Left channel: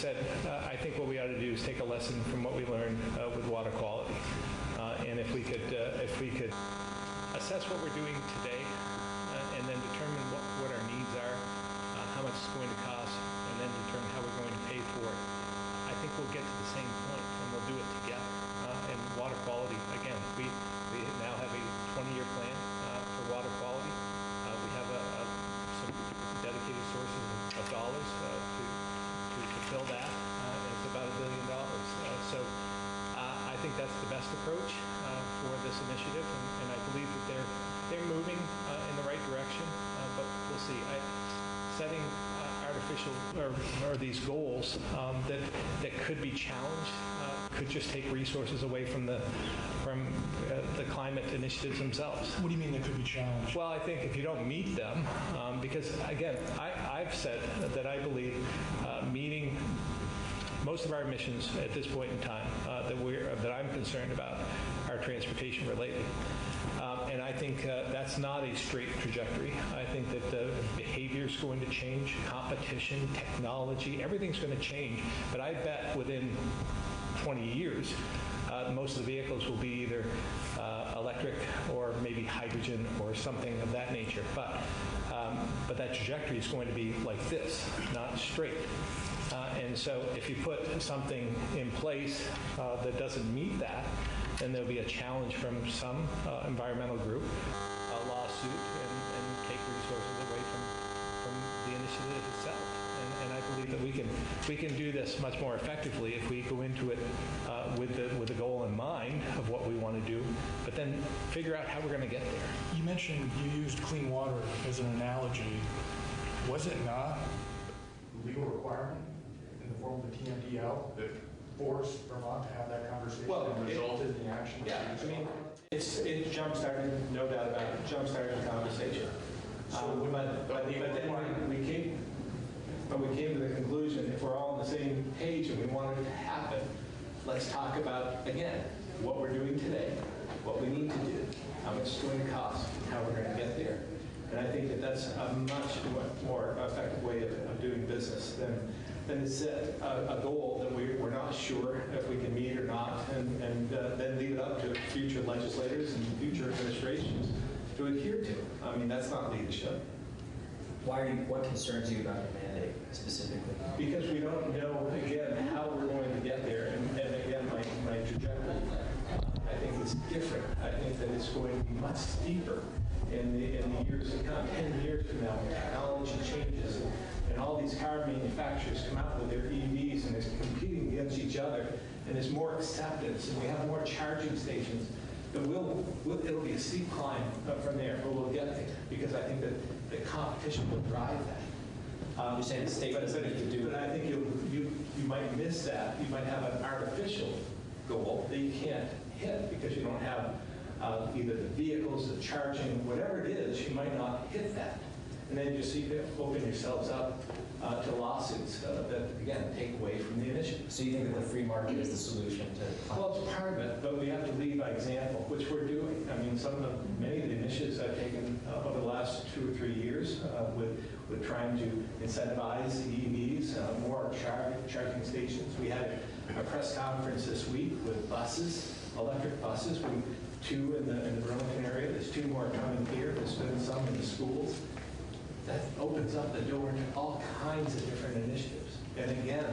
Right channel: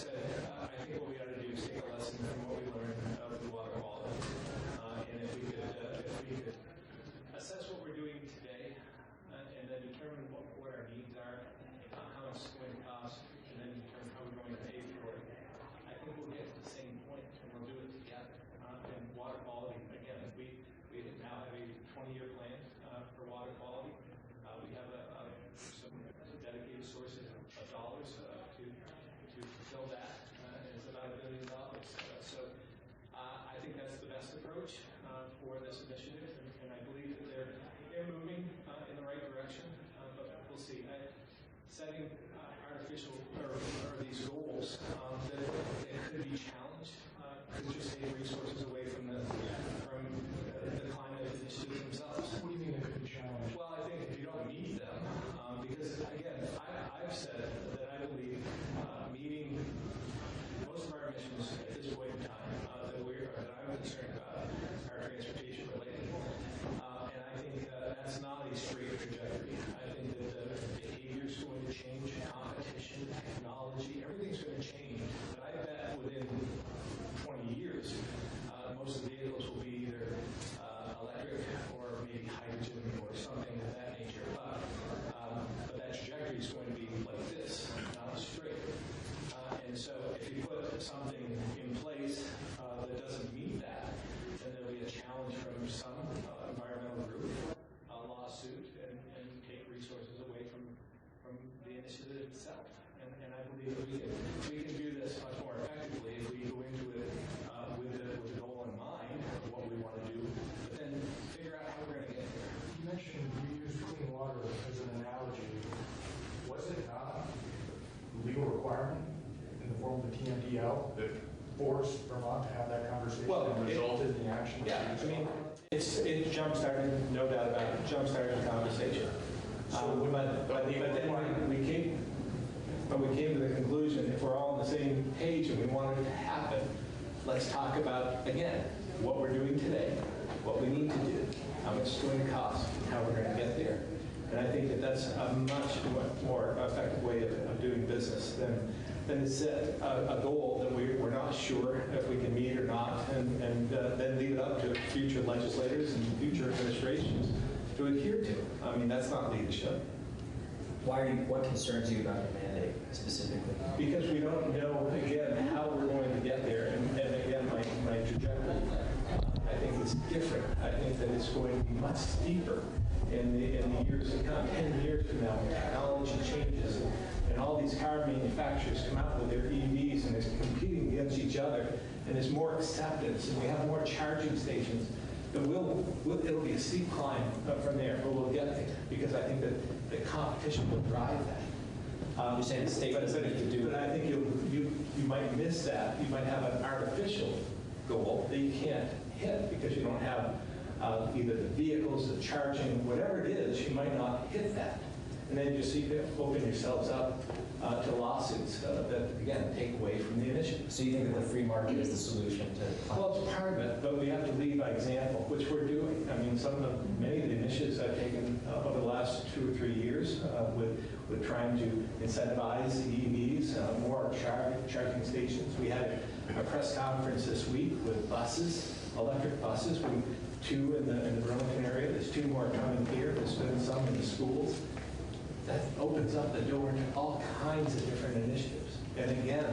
said, I think what we ought to do is take a lesson from what we learned with water quality. And if we could assess what we're doing today and then determine what our needs are, how much it's going to cost, and then determine how we're going to pay for it, I think we'll get to the same point, and we'll do it together. And water quality, again, we now have a 20-year plan for water quality. We have some dedicated sources of dollars to fulfill that. It's about $1 billion. So I think that's the best approach for this initiative, and I believe that they're moving in the right direction. But we'll see. Setting artificial or these goals that could be challenged could just take resources away from the climate initiatives themselves. What do you mean they could be challenged? Well, I think if you don't meet them, because again, I've said that I believe meeting most of our emissions at this point in time that I'm concerned about are transportation related. And I think that's not a straight trajectory. I think that the behavior is going to change, competition, technology, everything's going to change. But I bet within 20 years, most of the vehicles will be either electric or maybe hydrogen or something of that nature. But that trajectory is going to be like this, not straight. And so if you put something in place that doesn't meet that, then there'll be a challenge from some environmental group, a lawsuit, and take resources away from the initiative itself. And I believe that we can do this much more effectively if we go into it with the goal in mind of what we want to do, but then figure out how we're going to get there. You mentioned you used clean water as an analogy. Was it not a legal requirement in the form of the TMDL that forced Vermont to have that conversation and resulted in the action? Yeah, I mean, it jump-started, no doubt about it, jump-started the conversation. But then we came to the conclusion, if we're all on the same page and we want it to happen, let's talk about, again, what we're doing today, what we need to do, how much it's going to cost, and how we're going to get there. And I think that that's a much more effective way of doing business than to set a goal that we're not sure if we can meet or not, and then leave it up to future legislators and future administrations to adhere to. I mean, that's not leadership. What concerns you about the mandate specifically? Because we don't know, again, how we're going to get there. And again, my trajectory, I think, is different. I think that it's going to be much steeper in the years to come. 10 years from now, when technology changes and all these car manufacturers come out with their EVs and they're competing against each other, and there's more acceptance, and we have more charging stations, then it'll be a steep climb from there, but we'll get there, because I think that the competition will drive that. You're saying the state doesn't need to do But I think you might miss that. You might have an artificial goal that you can't hit because you don't have either the vehicles, the charging, whatever it is, you might not hit that. And then you see open yourselves up to lawsuits that, again, take away from the initiative. So you think that the free market is the solution to climate? Well, it's part of it, but we have to lead by example, which we're doing. I mean, many of the initiatives I've taken over the last 2 or 3 years with trying to incentivize the EVs, more charging stations. We had a press conference this week with buses, electric buses. 2 in the Burlington area. There's 2 more coming here. There's been some in the schools. That opens up the door to all kinds of different initiatives. And again,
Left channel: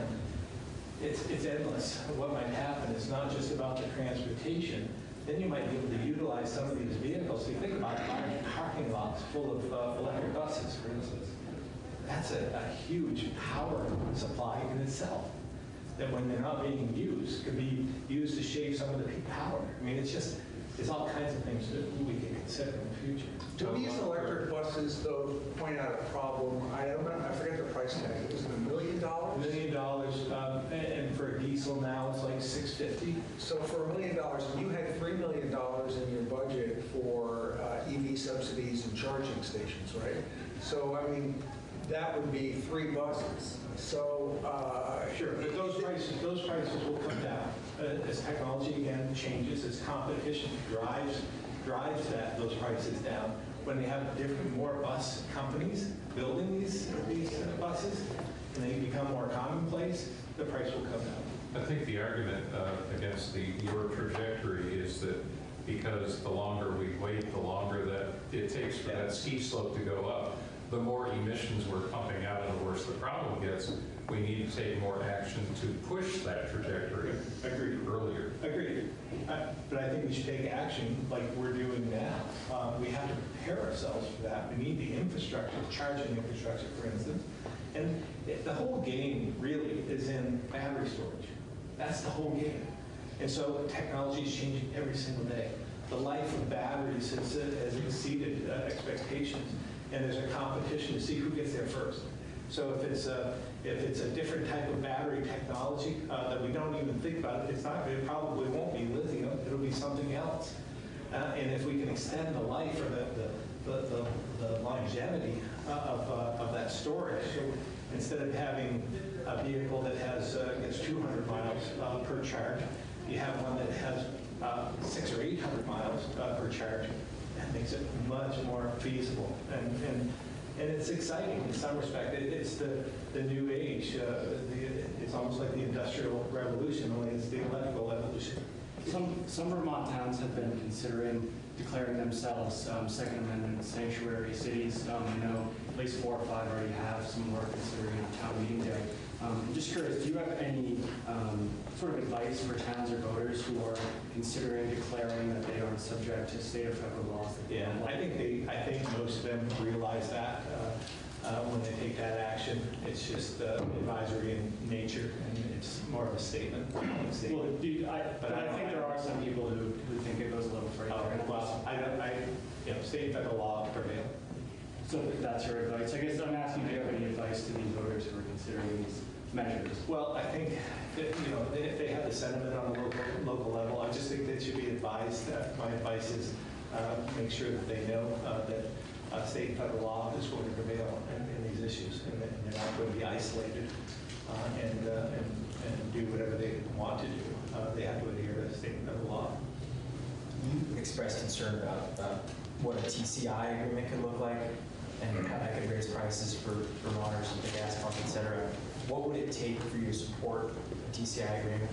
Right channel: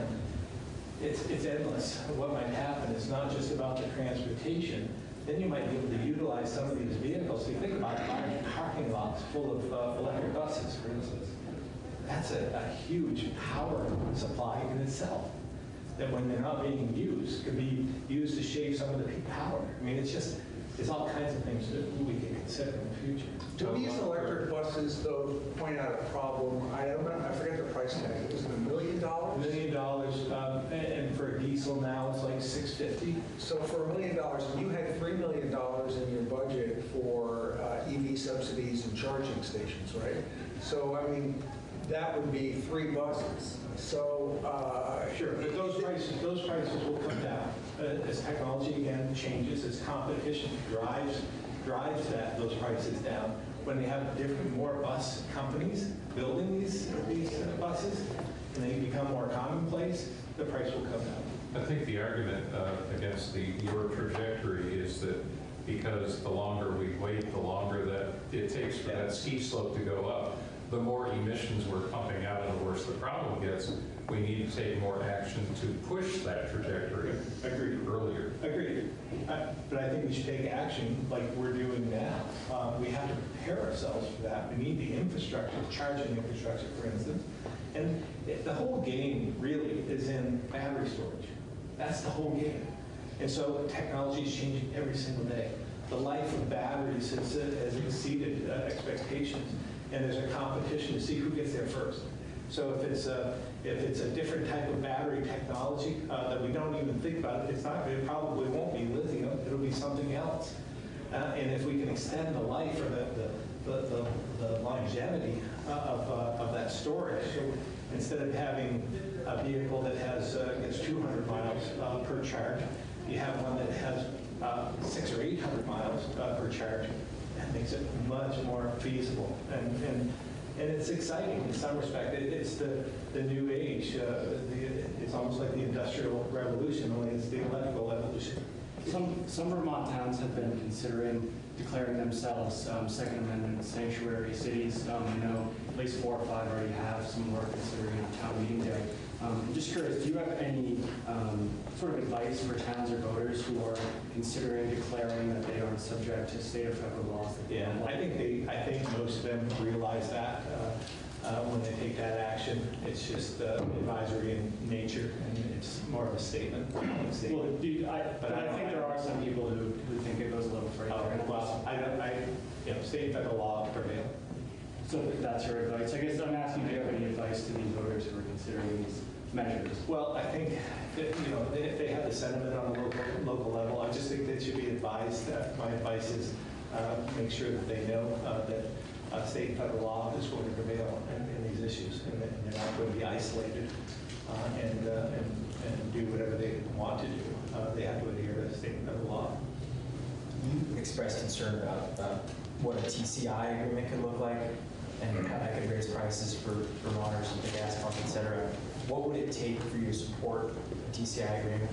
it's endless. What might happen is not just about the transportation. Then you might be able to utilize some of these vehicles. So you think about large parking lots full of electric buses, for instance. That's a huge power supply in itself, that when they're not being used, could be used to shave some of the peak power. I mean, there's all kinds of things that we can consider in the future. Do these electric buses, though, point out a problem? I forget the price tag. Was it $1 million? $1 million, and for a diesel now it's like $650. So for $1 million, you had $3 million in your budget for EV subsidies and charging stations, right? So, I mean, that would be 3 buses. So sure, but those prices will come down as technology again changes, as competition drives those prices down. When they have more bus companies building these buses, and they become more commonplace. place, the price will come down. I think the argument against your trajectory is that because the longer we wait, the longer that it takes for that ski slope to go up, the more emissions we're pumping out and the worse the problem gets. We need to take more action to push that trajectory earlier. Agreed. But I think we should take action like we're doing now. We have to prepare ourselves for that. We need the infrastructure, charging infrastructure, for instance. And the whole game really is in battery storage. That's the whole game. And so technology is changing every single day. The life of batteries has exceeded expectations, and there's a competition to see who gets there first. So if it's a different type of battery technology that we don't even think about, it probably won't be lithium. It'll be something else. And if we can extend the life or the longevity of that storage, so instead of having a vehicle that gets 200 miles per charge, you have one that has 600 or 800 miles per charge. That makes it much more feasible. And it's exciting in some respect. It's the new age. It's almost like the Industrial Revolution, only it's the electrical evolution. Some Vermont towns have been considering declaring themselves Second Amendment sanctuary cities. I know at least 4 or 5 already have. Some more considering a town meeting day. I'm just curious, do you have any sort of advice for towns or voters who are considering declaring that they aren't subject to state or federal laws? Yeah, I think most of them realize that when they take that action. It's just advisory in nature, and it's more of a statement. Well, I think there are some people who think it goes a little further. Well, state and federal law prevail. So that's your advice. I guess I'm asking, do you have any advice to these voters who are considering these measures? Well, I think that, if they have the sentiment on a local level, I just think they should be advised. My advice is make sure that they know that state and federal law is going to prevail in these issues, and they're not going to be isolated and do whatever they want to do. They have to adhere to state and federal law. You expressed concern about what a TCI agreement could look like and how that could raise prices for Vermonters at the gas pump, et cetera. What would it take for you to support a TCI agreement?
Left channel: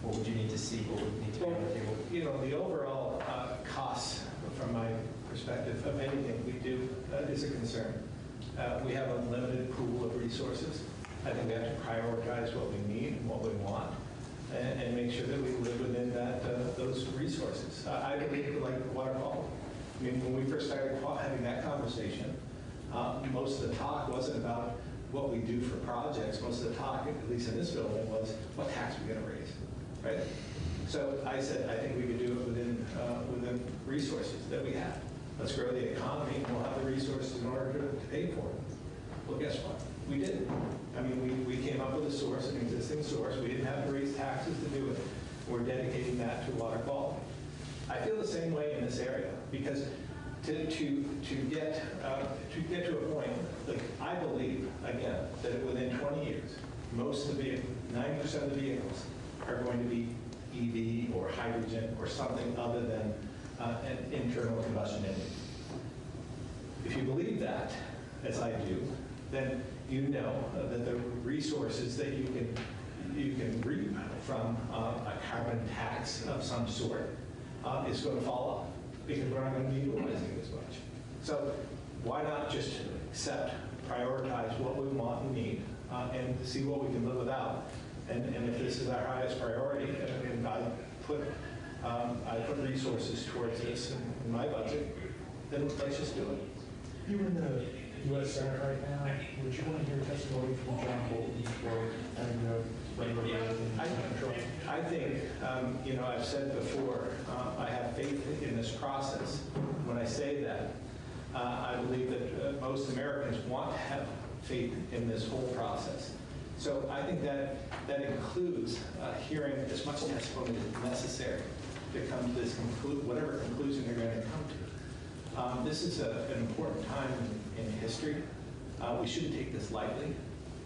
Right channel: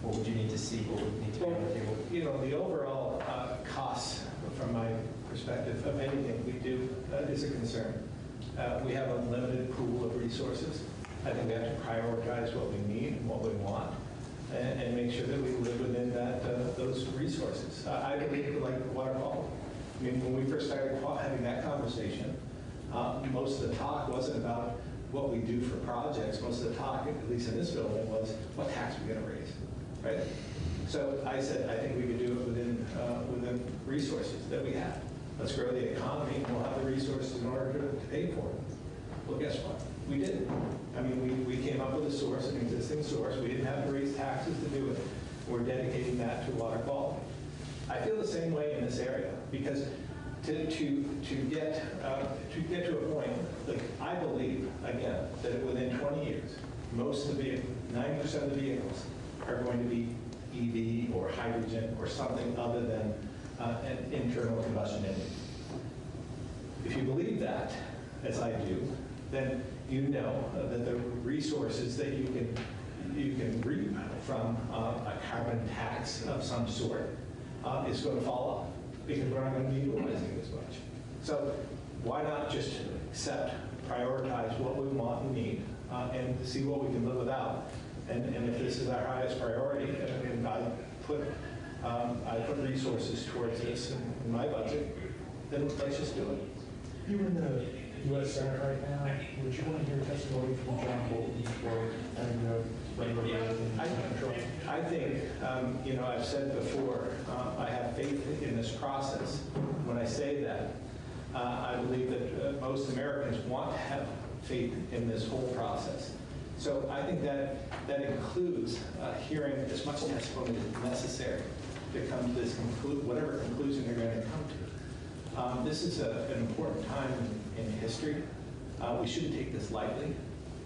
What would you need to see? What would need to be on the table? The overall costs, from my perspective, of anything we do is a concern. We have a limited pool of resources. I think we have to prioritize what we need and what we want, and make sure that we live within those resources. I believe like the water quality. I mean, when we first started having that conversation, most of the talk wasn't about what we do for projects. Most of the talk, at least in this building, was what tax we're going to raise, right? So I said, I think we could do it within resources that we have. Let's grow the economy, and we'll have the resources in order to pay for it. Well, guess what? We didn't. I mean, we came up with a source, an existing source. We didn't have to raise taxes to do it. We're dedicating that to water quality. I feel the same way in this area, because to get to a point, like I believe, again, that within 20 years, most of the vehicles, 90% of the vehicles are going to be EV or hydrogen or something other than an internal combustion engine. If you believe that, as I do, then you know that the resources that you can reap from a carbon tax of some sort is going to fall off, because we're not going to be utilizing it as much. So why not just prioritize what we want and need, and see what we can live without? And if this is our highest priority, and I put resources towards this in my budget, then let's just do it. You're in the U.S. Senate right now. Would you want to hear testimony from John Bolton for having the regular? I think, I've said before, I have faith in this process. When I say that, I believe that most Americans want to have faith in this whole process. So I think that includes hearing as much testimony as necessary to come to this whatever conclusion they're going to come to. This is an important time in history. We shouldn't take this lightly,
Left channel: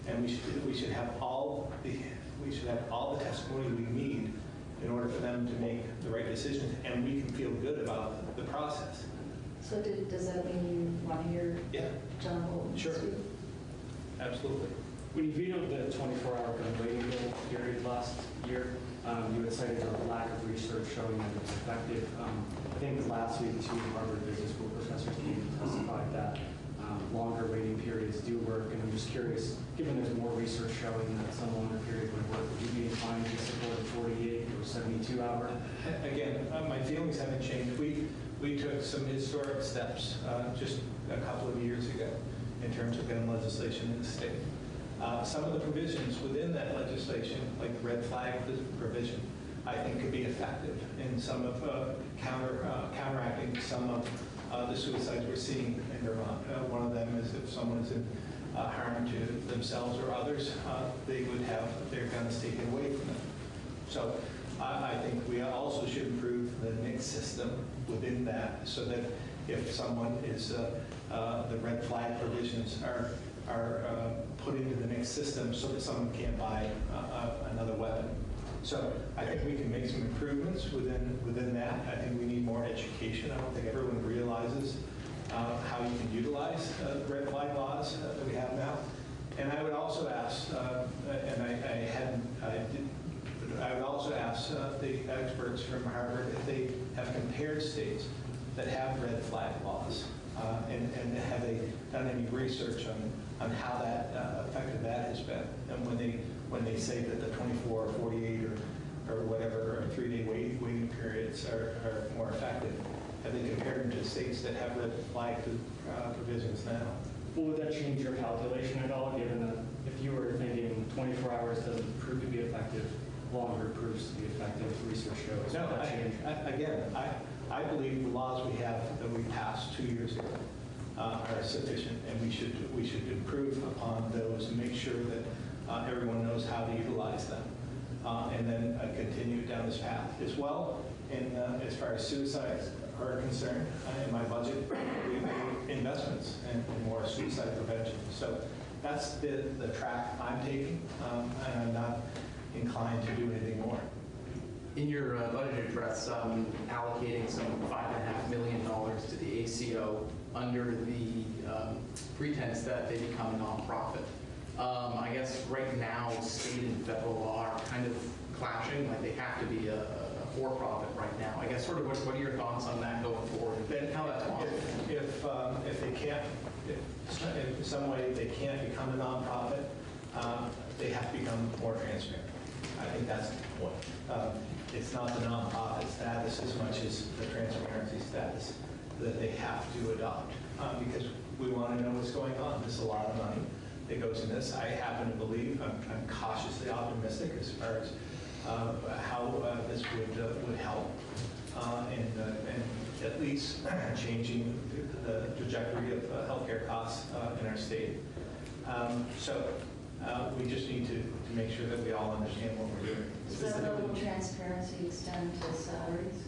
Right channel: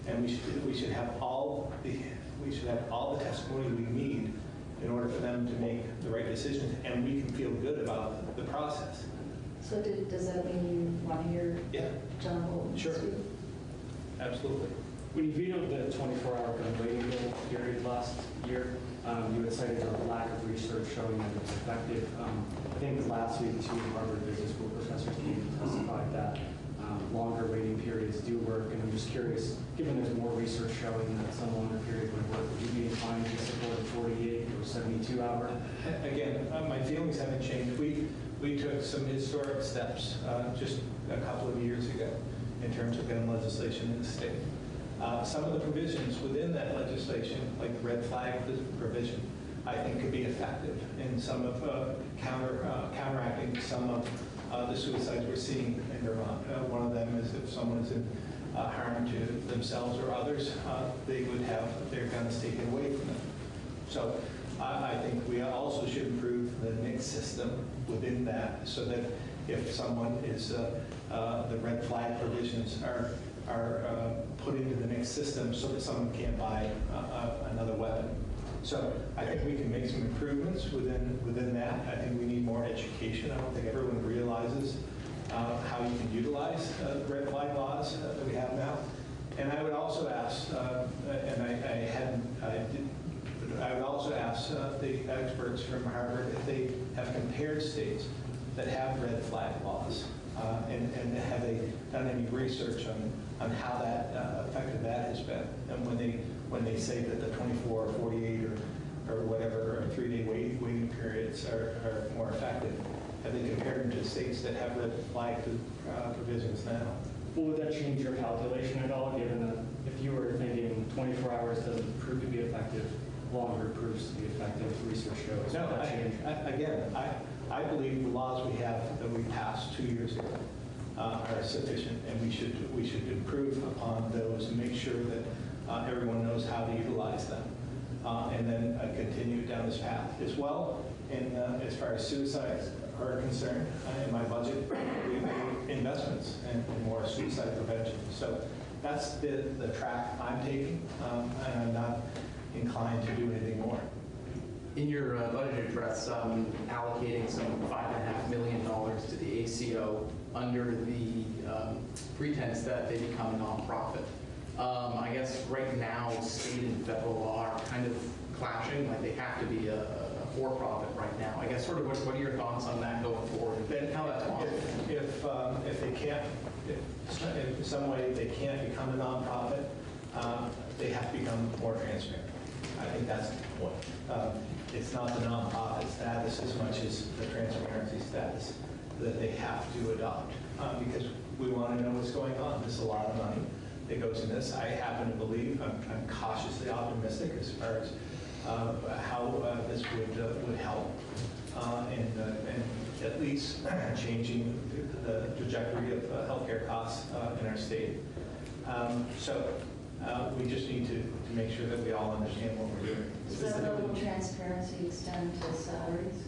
and we should have all the testimony we need in order for them to make the right decisions, and we can feel good about the process. So does that mean you want to hear John Bolton Sure. speak? Absolutely. When you vetoed the 24-hour gun You had cited a lack of research showing that it's effective. I think last week, two Harvard Business School professors came and testified that longer waiting periods do work. And I'm just curious, given there's more research showing that some longer period would work, would you be inclined to support a 48 or 72 hour? Again, my feelings haven't changed. We took some historic steps just a couple of years ago in terms of gun legislation in the state. Some of the provisions within that legislation, like the red flag provision, I think could be effective in some of counteracting some of the suicides we're seeing in Vermont. One of them is if someone is in harm to themselves or others, they would have their guns taken away from them. So I think we also should improve the NICS system within that so that if someone is, the red flag provisions are put into the NICS system so that someone can't buy another weapon. So I think we can make some improvements within that. I think we need more education. I don't think everyone realizes how you can utilize the red flag laws that we have now. And I would also ask, I would also ask the experts from Harvard if they have compared states that have red flag laws and have they done any research on how that effective that has been. And when they say that the 24 or 48 or whatever, or 3-day waiting periods are more effective, have they compared them to states that have red flag provisions now? Well, would that change your calculation at all, given that if you were thinking 24 hours doesn't prove to be effective, longer proves to be effective, research shows? No, would that change? I believe the laws we have that we passed 2 years ago are sufficient, and we should improve upon those and make sure that everyone knows how to utilize them, and then continue down this path as well. And as far as suicides are concerned, in my budget, we made investments in more suicide prevention. So that's the track I'm taking, and I'm not inclined to do anything more. In your budget address, allocating some $5.5 million to the ACO under the pretense that they become a nonprofit. I guess right now, state and federal law are kind of clashing, like they have to be a for-profit right now. I guess sort of what are your thoughts on that going forward? Then how that's possible? If they can't, if in some way they can't become a nonprofit, they have to become more transparent. I think that's the point. It's not the nonprofit status as much as the transparency status that they have to adopt, because we want to know what's going on. There's a lot of money that goes in this. I happen to believe, I'm cautiously optimistic as far as how this would help and at least changing the trajectory of healthcare costs in our state. So we just need to make sure that we all understand what we're doing. Does that level of transparency extend to salaries?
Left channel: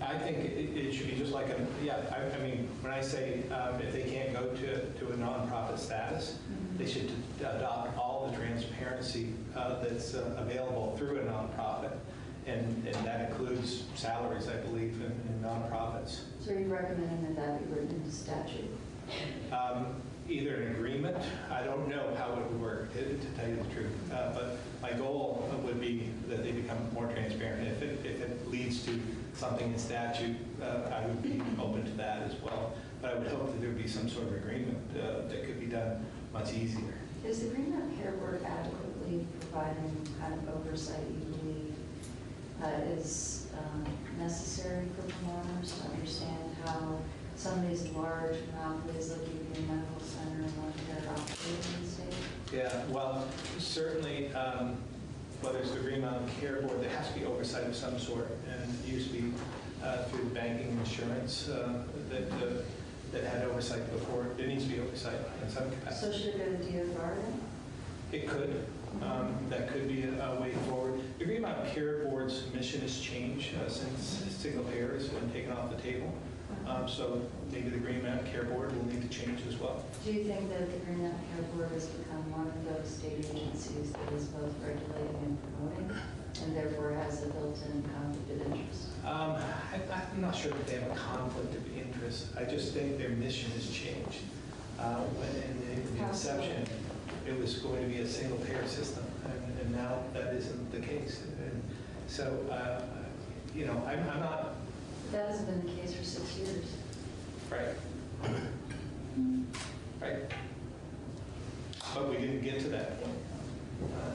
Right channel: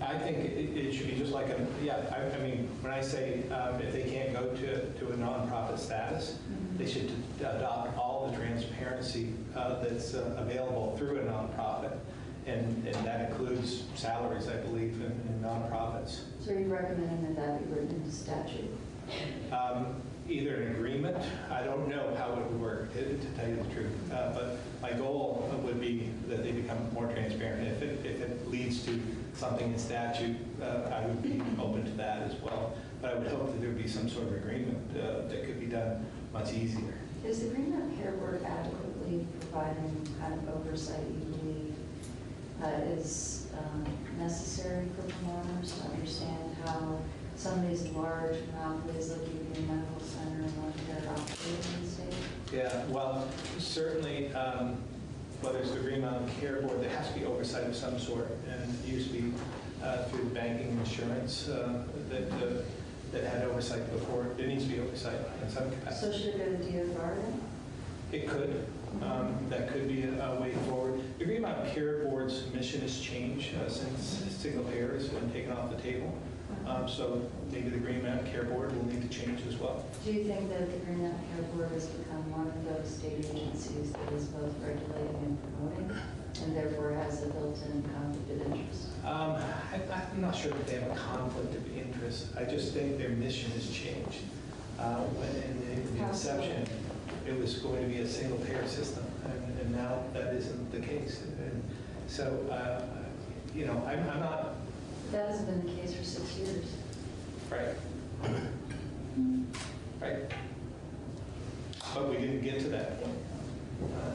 I think it should be just like I mean, when I say if they can't go to a nonprofit status, they should adopt all the transparency that's available through a nonprofit, and that includes salaries, I believe, in nonprofits. So are you recommending that be written into statute? Either an agreement, I don't know how it would work, to tell you the truth, but my goal would be that they become more transparent. If it leads to something in statute, I would be open to that as well. But I would hope that there would be some sort of agreement that could be done much easier. Is the Green Mountain Care Board adequately providing kind of oversight you believe is necessary for Vermonters to understand how some of these large monopolies like Union Medical Center and One-Care operate in the state? Yeah, well, certainly, whether it's the Green Mountain Care Board, there has to be oversight of some sort, and it used to be through banking and insurance that had oversight before. There needs to be oversight in some capacity. So should it go to DFR then? It could. That could be a way forward. The Green Mountain Care Board's mission has changed since single payer has been taken off the table. So maybe the Green Mountain Care Board will need to change as well. Do you think that the Green Mountain Care Board has become one of those state agencies that is both regulating and promoting, and therefore has a built-in conflict of interest? I'm not sure that they have a conflict of interest. I just think their mission has changed. When in the inception, it was going to be a single payer system, and now that isn't the case. And so, I'm not, That hasn't been the case for 6 years. right? Right. But we didn't get to that point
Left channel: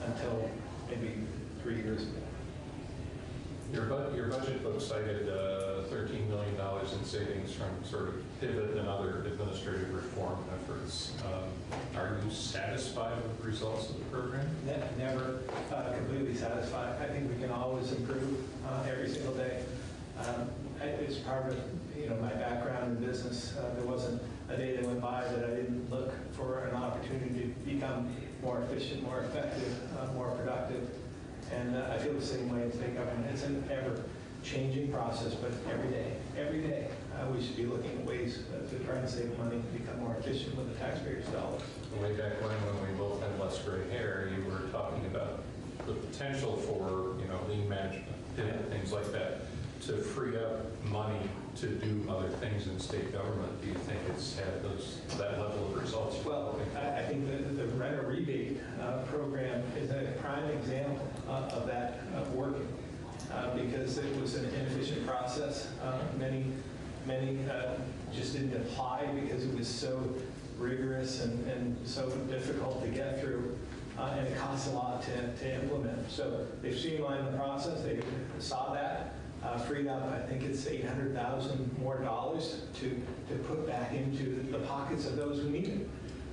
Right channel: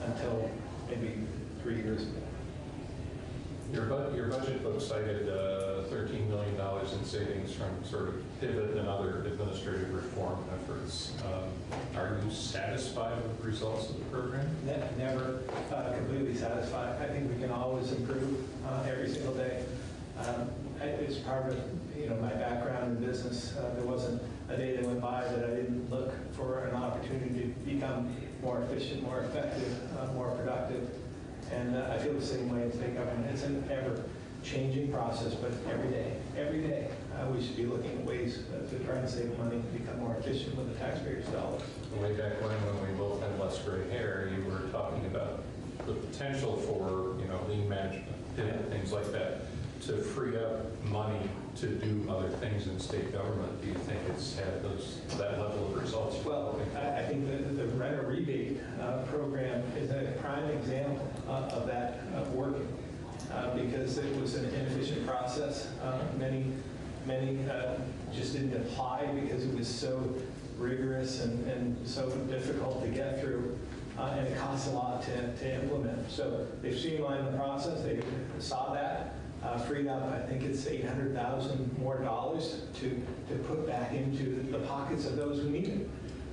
until maybe 3 years ago. Your budget book cited $13 million in savings from sort of pivot and other administrative reform efforts. Are you satisfied with the results of the program? Never completely satisfied. I think we can always improve every single day. It's part of my background in business. There wasn't a day that went by that I didn't look for an opportunity to become more efficient, more effective, more productive. And I feel the same way in state government. It's an ever-changing process, but every day, we should be looking at ways to try and save money, become more efficient with the taxpayers' dollars. Way back when we both had less gray hair, you were talking about the potential for, lean management, things like that, to free up money to do other things in state government. Do you think it's had that level of results? Well, I think the renter rebate program is a prime example of that working because it was an inefficient process. Many just didn't apply because it was so rigorous and so difficult to get through, and it costs a lot to implement. So they've streamlined the process. They saw that. Freed up, I think it's $800,000 more to put back into the pockets of those who need it.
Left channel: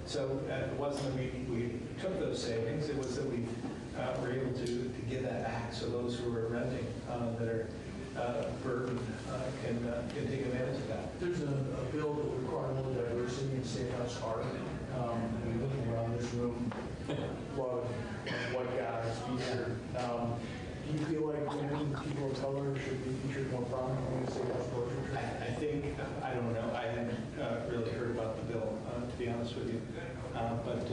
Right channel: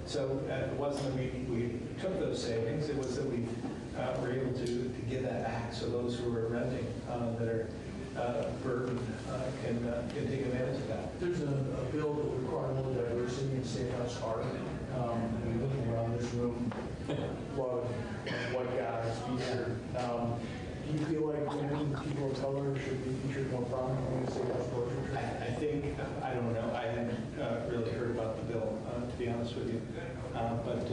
So it wasn't that we took those savings, it was that we were able to give that back so those who are renting that are burdened can take advantage of that. There's a bill that will require more diversity in state house art. And looking around this room, a lot of white guys featured. Do you feel like women, people of color should be featured more prominently in state house portraiture? I think, I don't know, I hadn't really heard about the bill, to be honest with you. But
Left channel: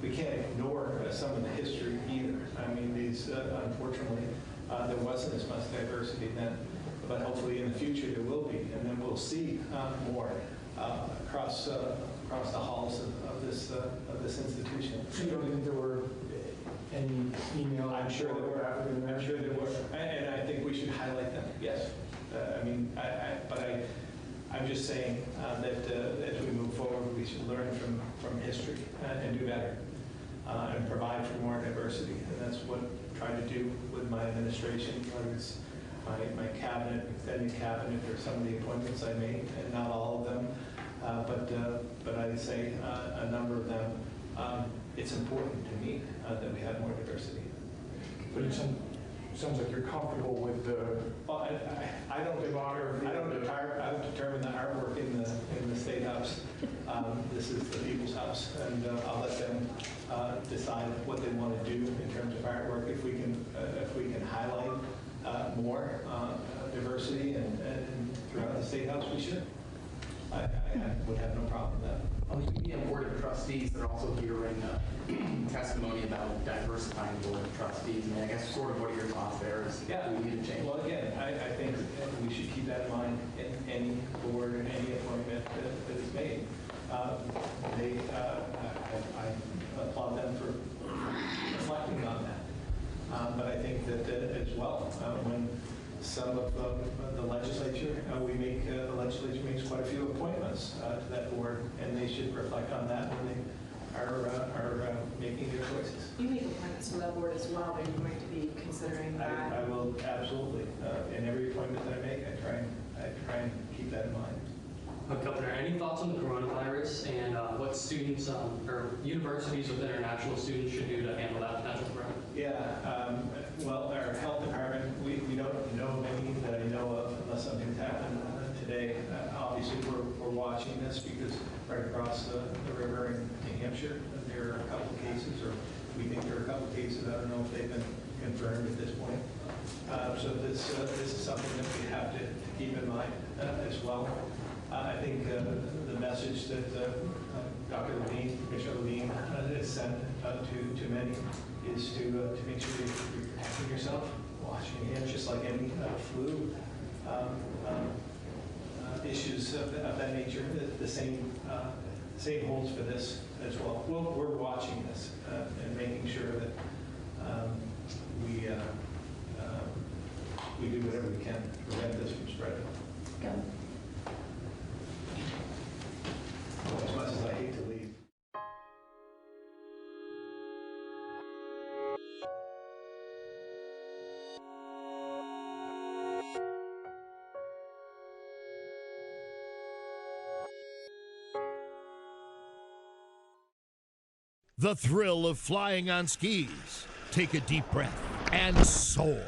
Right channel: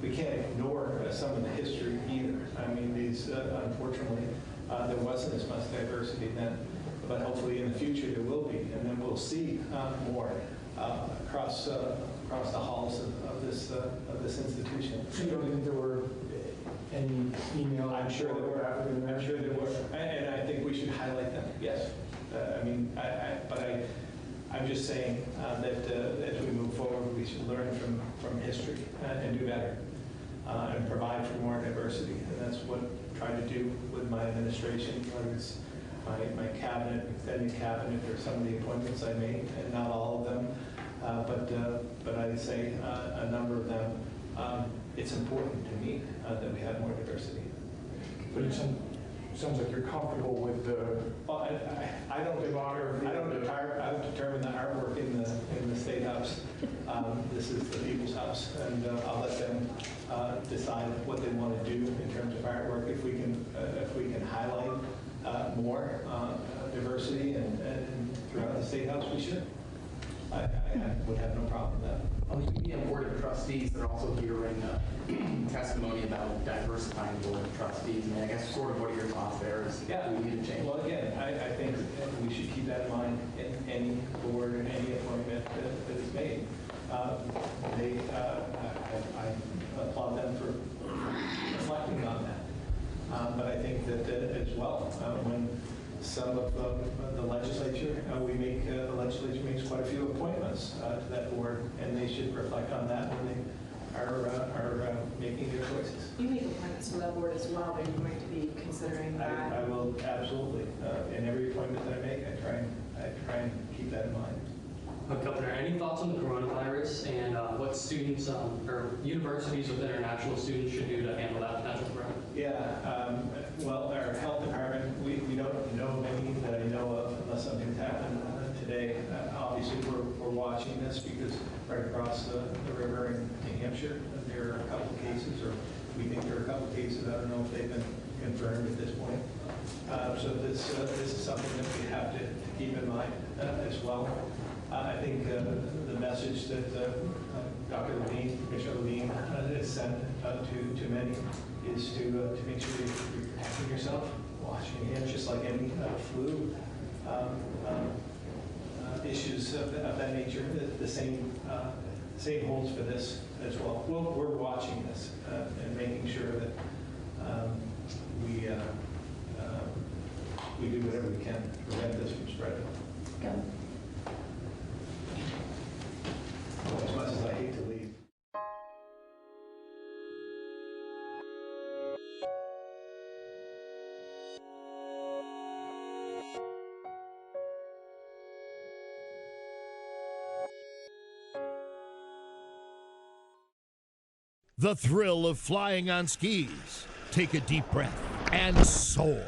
we can't ignore some of the history either. I mean, unfortunately, there wasn't as much diversity then, but hopefully in the future there will be, and then we'll see more across the halls of this institution. So you don't think there were any female? I'm sure there were. I'm sure there were, and I think we should highlight them. Yes, I'm just saying that as we move forward, we should learn from history and do better and provide for more diversity. And that's what I'm trying to do with my administration, whether it's my cabinet, extended cabinet, or some of the appointments I made, and not all of them, but I'd say a number of them. It's important to me that we have more diversity. But it sounds like you're comfortable with the. Well, I don't determine the artwork in the State House. This is the people's house, and I'll let them decide what they want to do in terms of artwork. If we can highlight more diversity and throughout the State House, we should. I would have no problem with that. The Board of Trustees, they're also hearing testimony about diversifying the Board of Trustees. I mean, I guess sort of what are your thoughts there? Do we need to change? Well, again, I think we should keep that in mind in any board and any appointment that is made. I applaud them for reflecting on that. But I think that as well, when some of the legislature, the legislature makes quite a few appointments to that board, and they should reflect on that when they are making their choices. You make appointments for that board as well. Are you going to be considering that? I will absolutely. In every appointment that I make, I try and keep that in mind. Governor, any thoughts on the coronavirus and what students or universities with international students should do to handle that potential threat? Yeah, well, our health department, we don't know of any that I know of unless something's happened today. Obviously, we're watching this because right across the river in New Hampshire, there are a couple of cases, or we think there are a couple of cases. I don't know if they've been confirmed at this point. So this is something that we have to keep in mind as well. I think the message that Dr. Levine, Commissioner Levine has sent to many is to make sure you're protecting yourself, washing your hands, just like any flu issues of that nature. The same holds for this as well. We're watching this and making sure that The thrill of flying on skis. Take a deep breath and soar.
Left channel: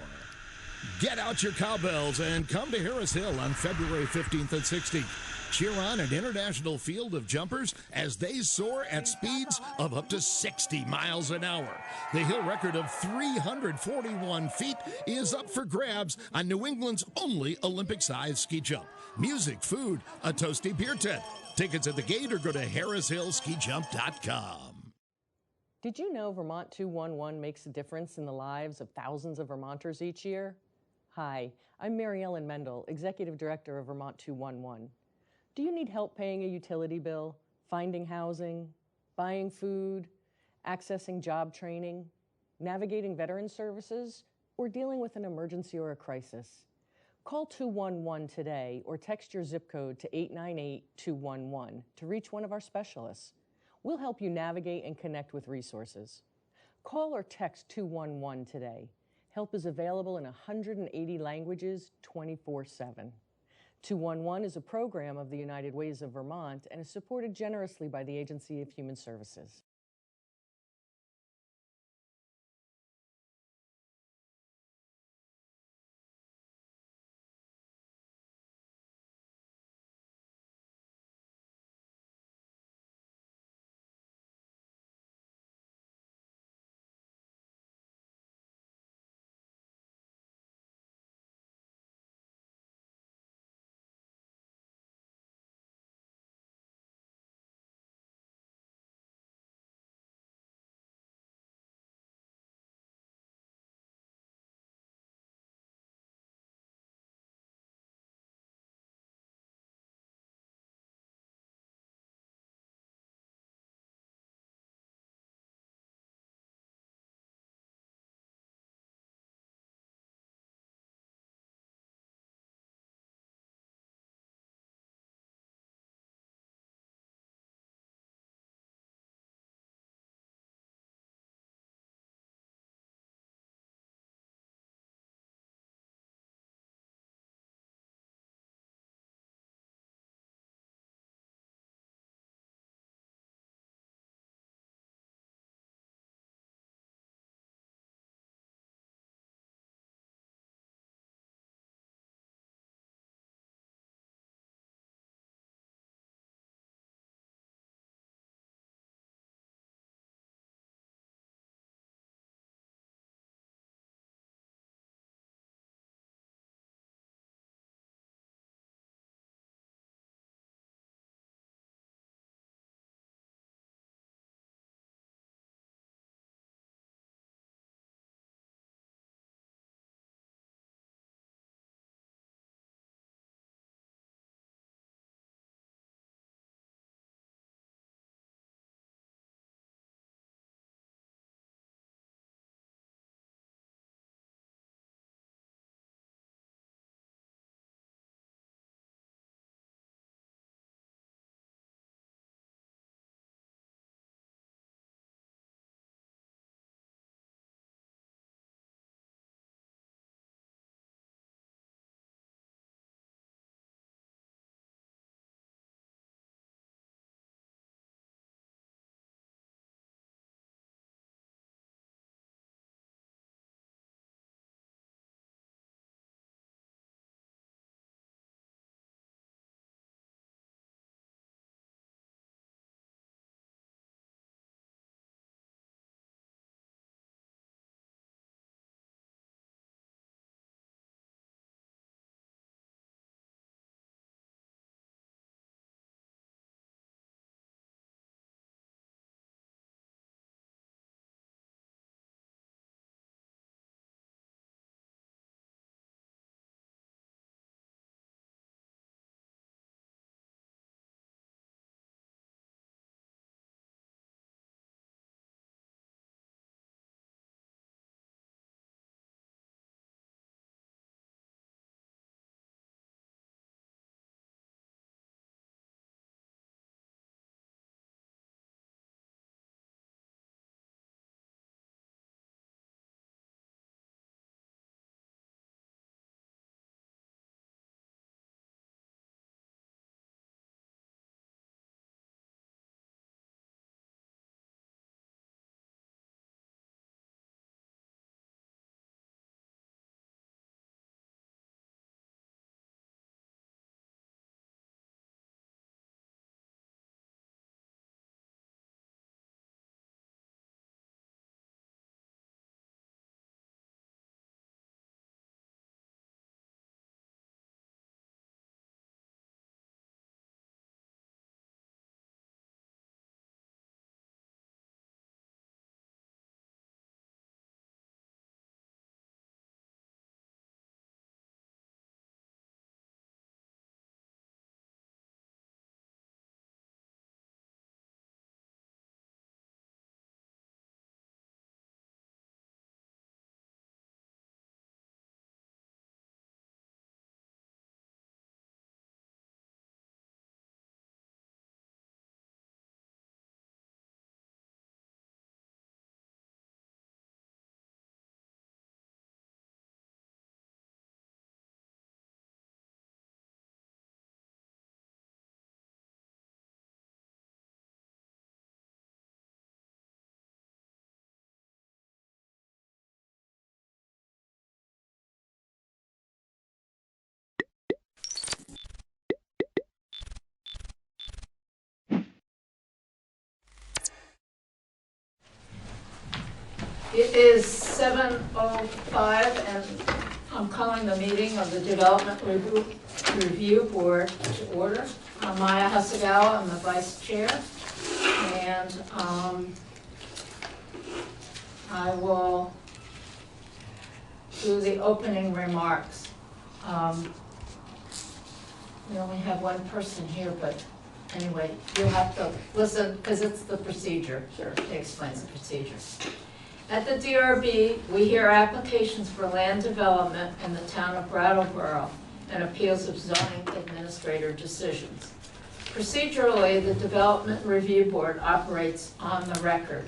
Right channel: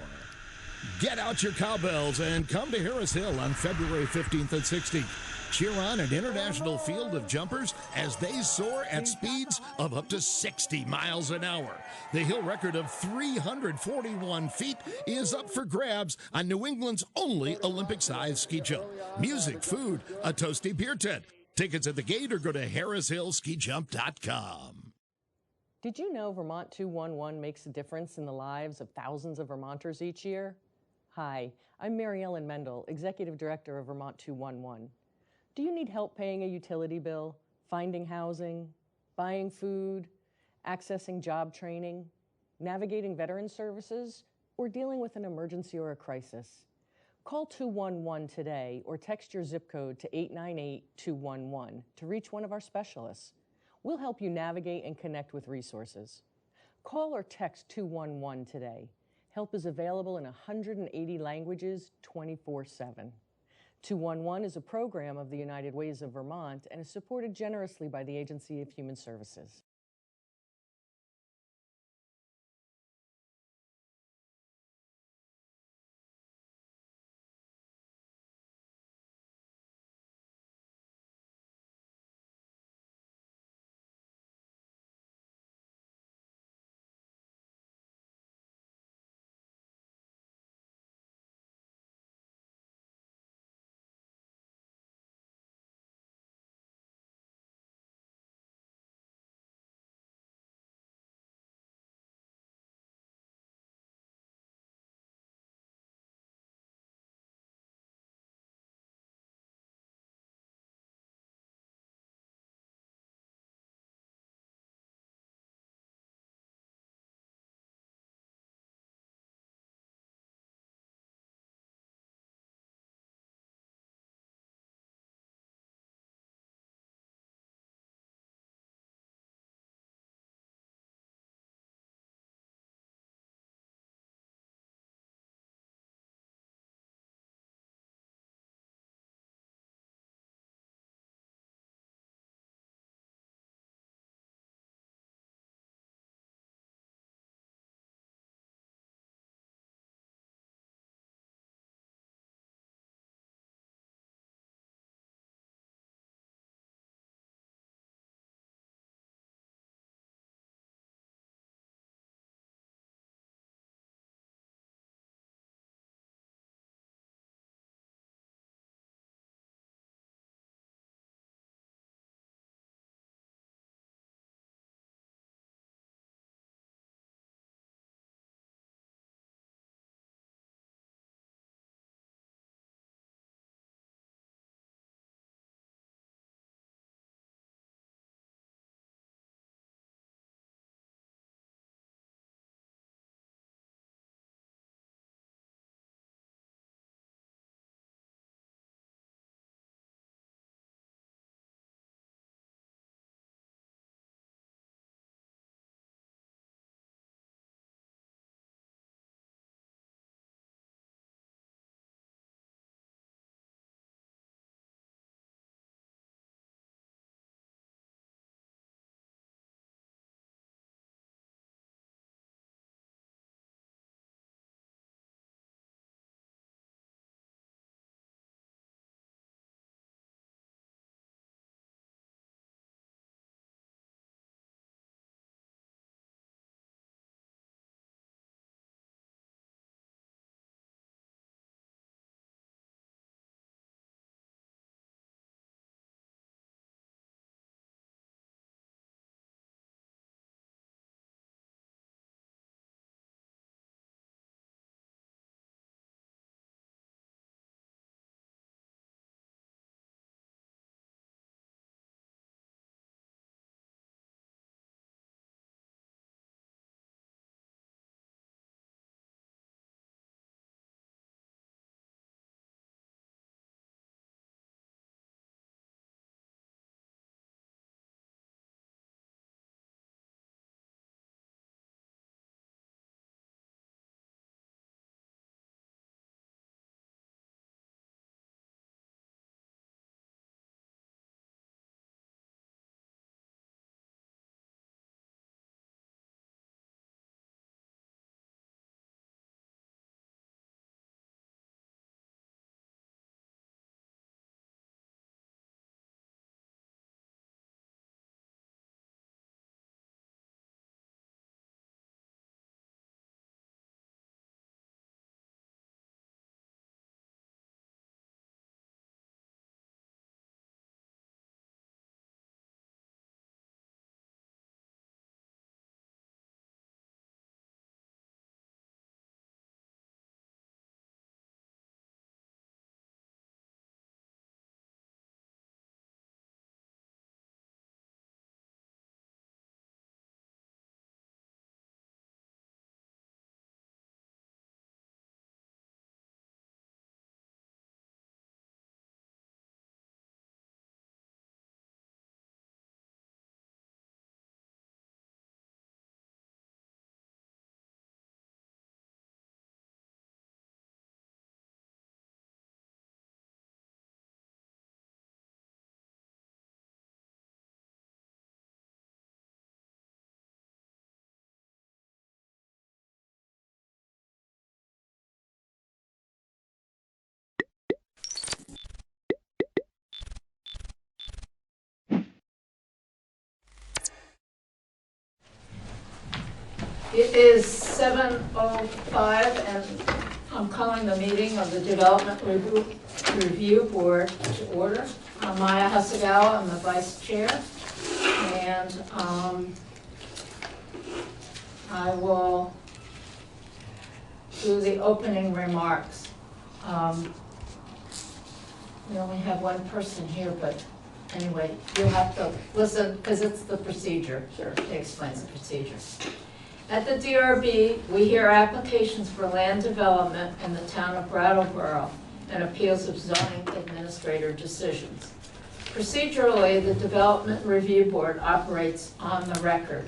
Get out your cowbells and come to Harris Hill on February 15th and 16th. Cheer on an international field of jumpers as they soar at speeds of up to 60 miles an hour. The hill record of 341 feet is up for grabs on New England's only Olympic-sized ski jump. Music, food, a toasty beer tent. Tickets at the gate or go to harrishillskijump.com. Did you know Vermont 211 makes a difference in the lives of thousands of Vermonters each year? Hi, I'm Mary Ellen Mendel, Executive Director of Vermont 211. Do you need help paying a utility bill, finding housing, buying food, accessing job training, navigating veteran services, or dealing with an emergency or a crisis? Call 211 today or text your zip code to 898-211 to reach one of our specialists. We'll help you navigate and connect with resources. Call or text 211 today. Help is available in 180 languages 24/7. 211 is a program of the United Ways of Vermont and is supported generously by the Agency of Human Services. It is 7:05, and I'm calling the meeting of the Development Review Board to order. I'm Maya Hasagawa, I'm the vice chair, and I will do the opening remarks. We only have one person here, but anyway, you'll have to listen, because it's the procedure. Sure. It explains the procedure. At the DRB, we hear applications for land development in the town of Brattleboro and appeals of zoning administrator decisions. Procedurally, the Development Review Board operates on the record.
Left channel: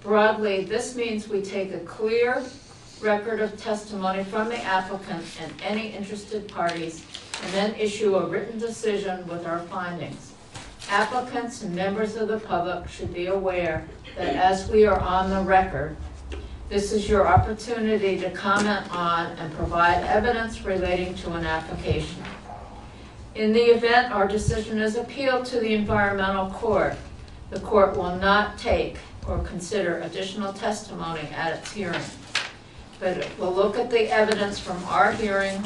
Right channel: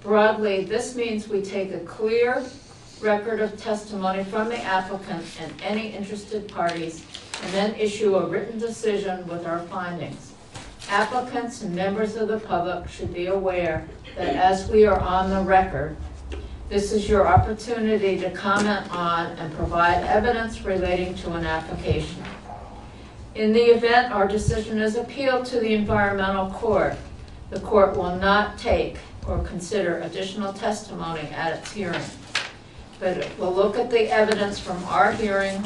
Broadly, this means we take a clear record of testimony from the applicant and any interested parties, and then issue a written decision with our findings. Applicants and members of the public should be aware that as we are on the record, this is your opportunity to comment on and provide evidence relating to an application. In the event our decision is appealed to the environmental court, the court will not take or consider additional testimony at its hearing, but it will look at the evidence from our hearing,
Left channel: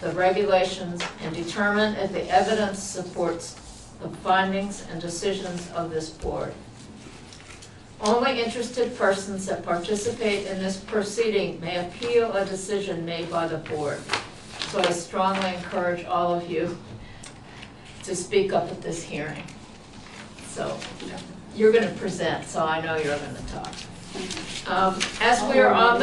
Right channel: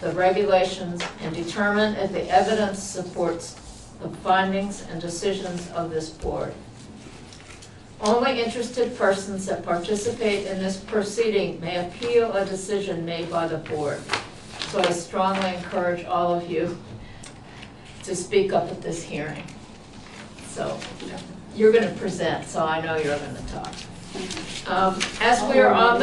the regulations, and determine if the evidence supports the findings and decisions of this board. Only interested persons that participate in this proceeding may appeal a decision made by the board. So I strongly encourage all of you to speak up at this hearing. So you're going to present, so I know you're going to talk. As we are on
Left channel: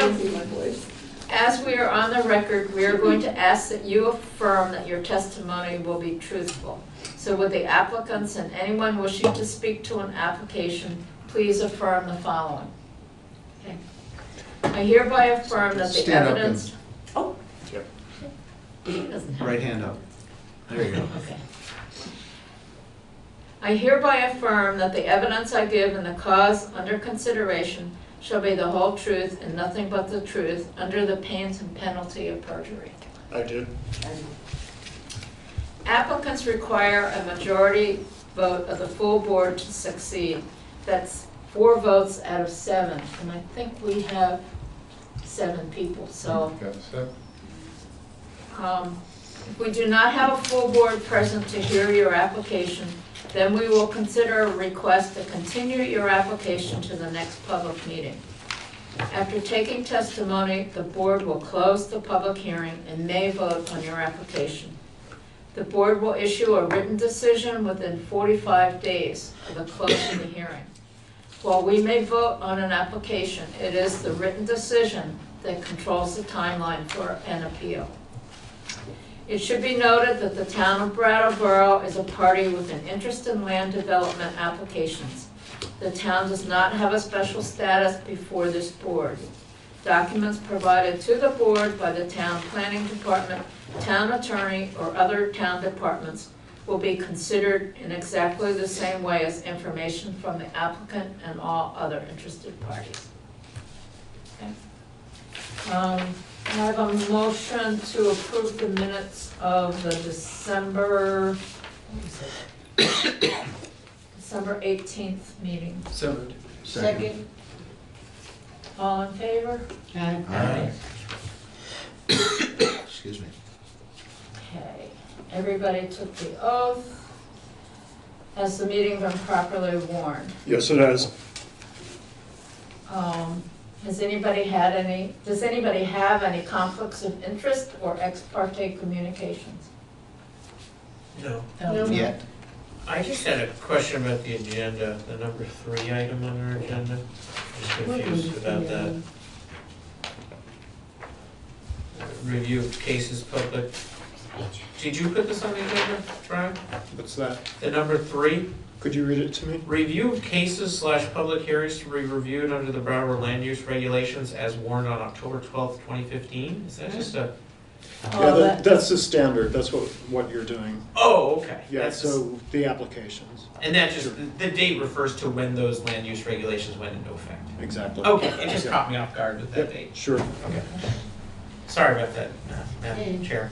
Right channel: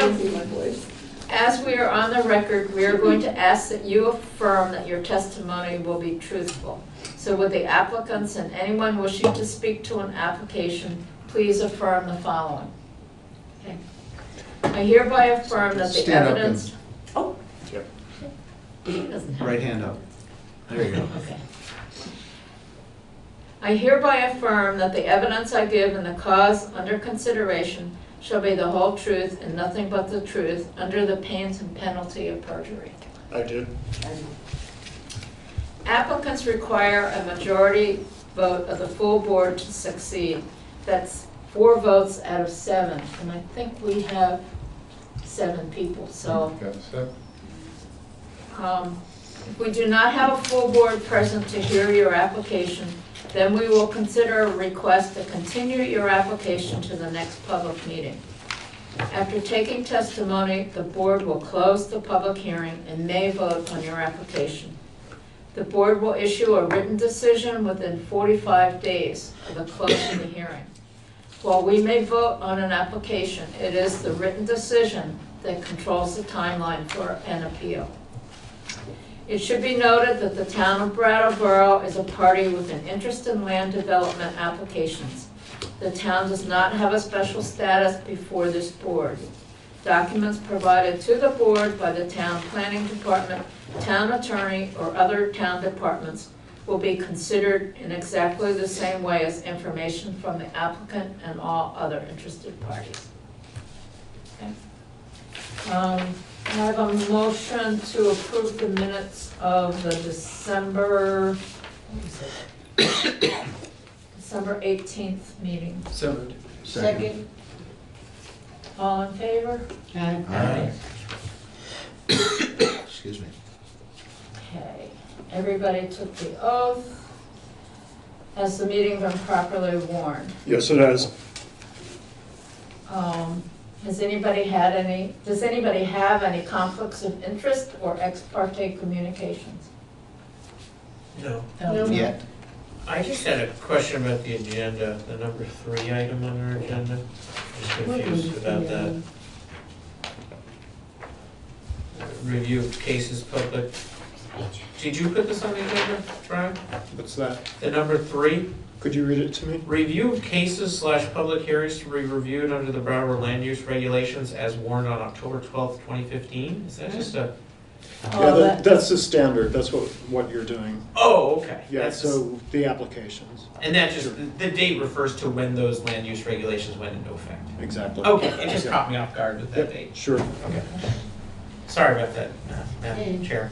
the record, we are going to ask that you affirm that your testimony will be truthful. So would the applicants and anyone wishing to speak to an application please affirm the following? Okay. I hereby affirm that the evidence. Oh. Yep. Right hand up. There you go. Okay. I hereby affirm that the evidence I give in the cause under consideration shall be the whole truth and nothing but the truth under the pains and penalty of perjury. I do. Applicants require a majority vote of the full board to succeed. That's 4 votes out of 7, and I think we have 7 people, so. If we do not have a full board present to hear your application, then we will consider a request to continue your application to the next public meeting. After taking testimony, the board will close the public hearing and may vote on your application. The board will issue a written decision within 45 days of the close of the hearing. While we may vote on an application, it is the written decision that controls the timeline for an appeal. It should be noted that the town of Brattleboro is a party with an interest in land development applications. The town does not have a special status before this board. Documents provided to the board by the town planning department, town attorney, or other town departments will be considered in exactly the same way as information from the applicant and all other interested parties. Okay. I have a motion to approve the minutes of the December 18th meeting. So moved. Second. All in favor? Aye. Excuse me. Okay. Everybody took the oath. Has the meeting been properly warned? Yes, it has. Does anybody have any conflicts of interest or ex parte communications? No. No. Yet. I just had a question about the agenda, the number 3 item on our agenda. I'm just confused about that. Review of cases public. Did you put this on the agenda, Brian? What's that? The number 3? Could you read it to me? Review of cases / public hearings to be reviewed under the Broward Land Use Regulations as warned on October 12th, 2015? Is that just a... Yeah, that's the standard. That's what you're doing. Oh, okay. Yeah, That's so the applications. And that just, the date refers to when those land use regulations went into effect. Exactly. Okay, it just caught me off guard with that date. Sure. Okay. Sorry about that, Madam Chair.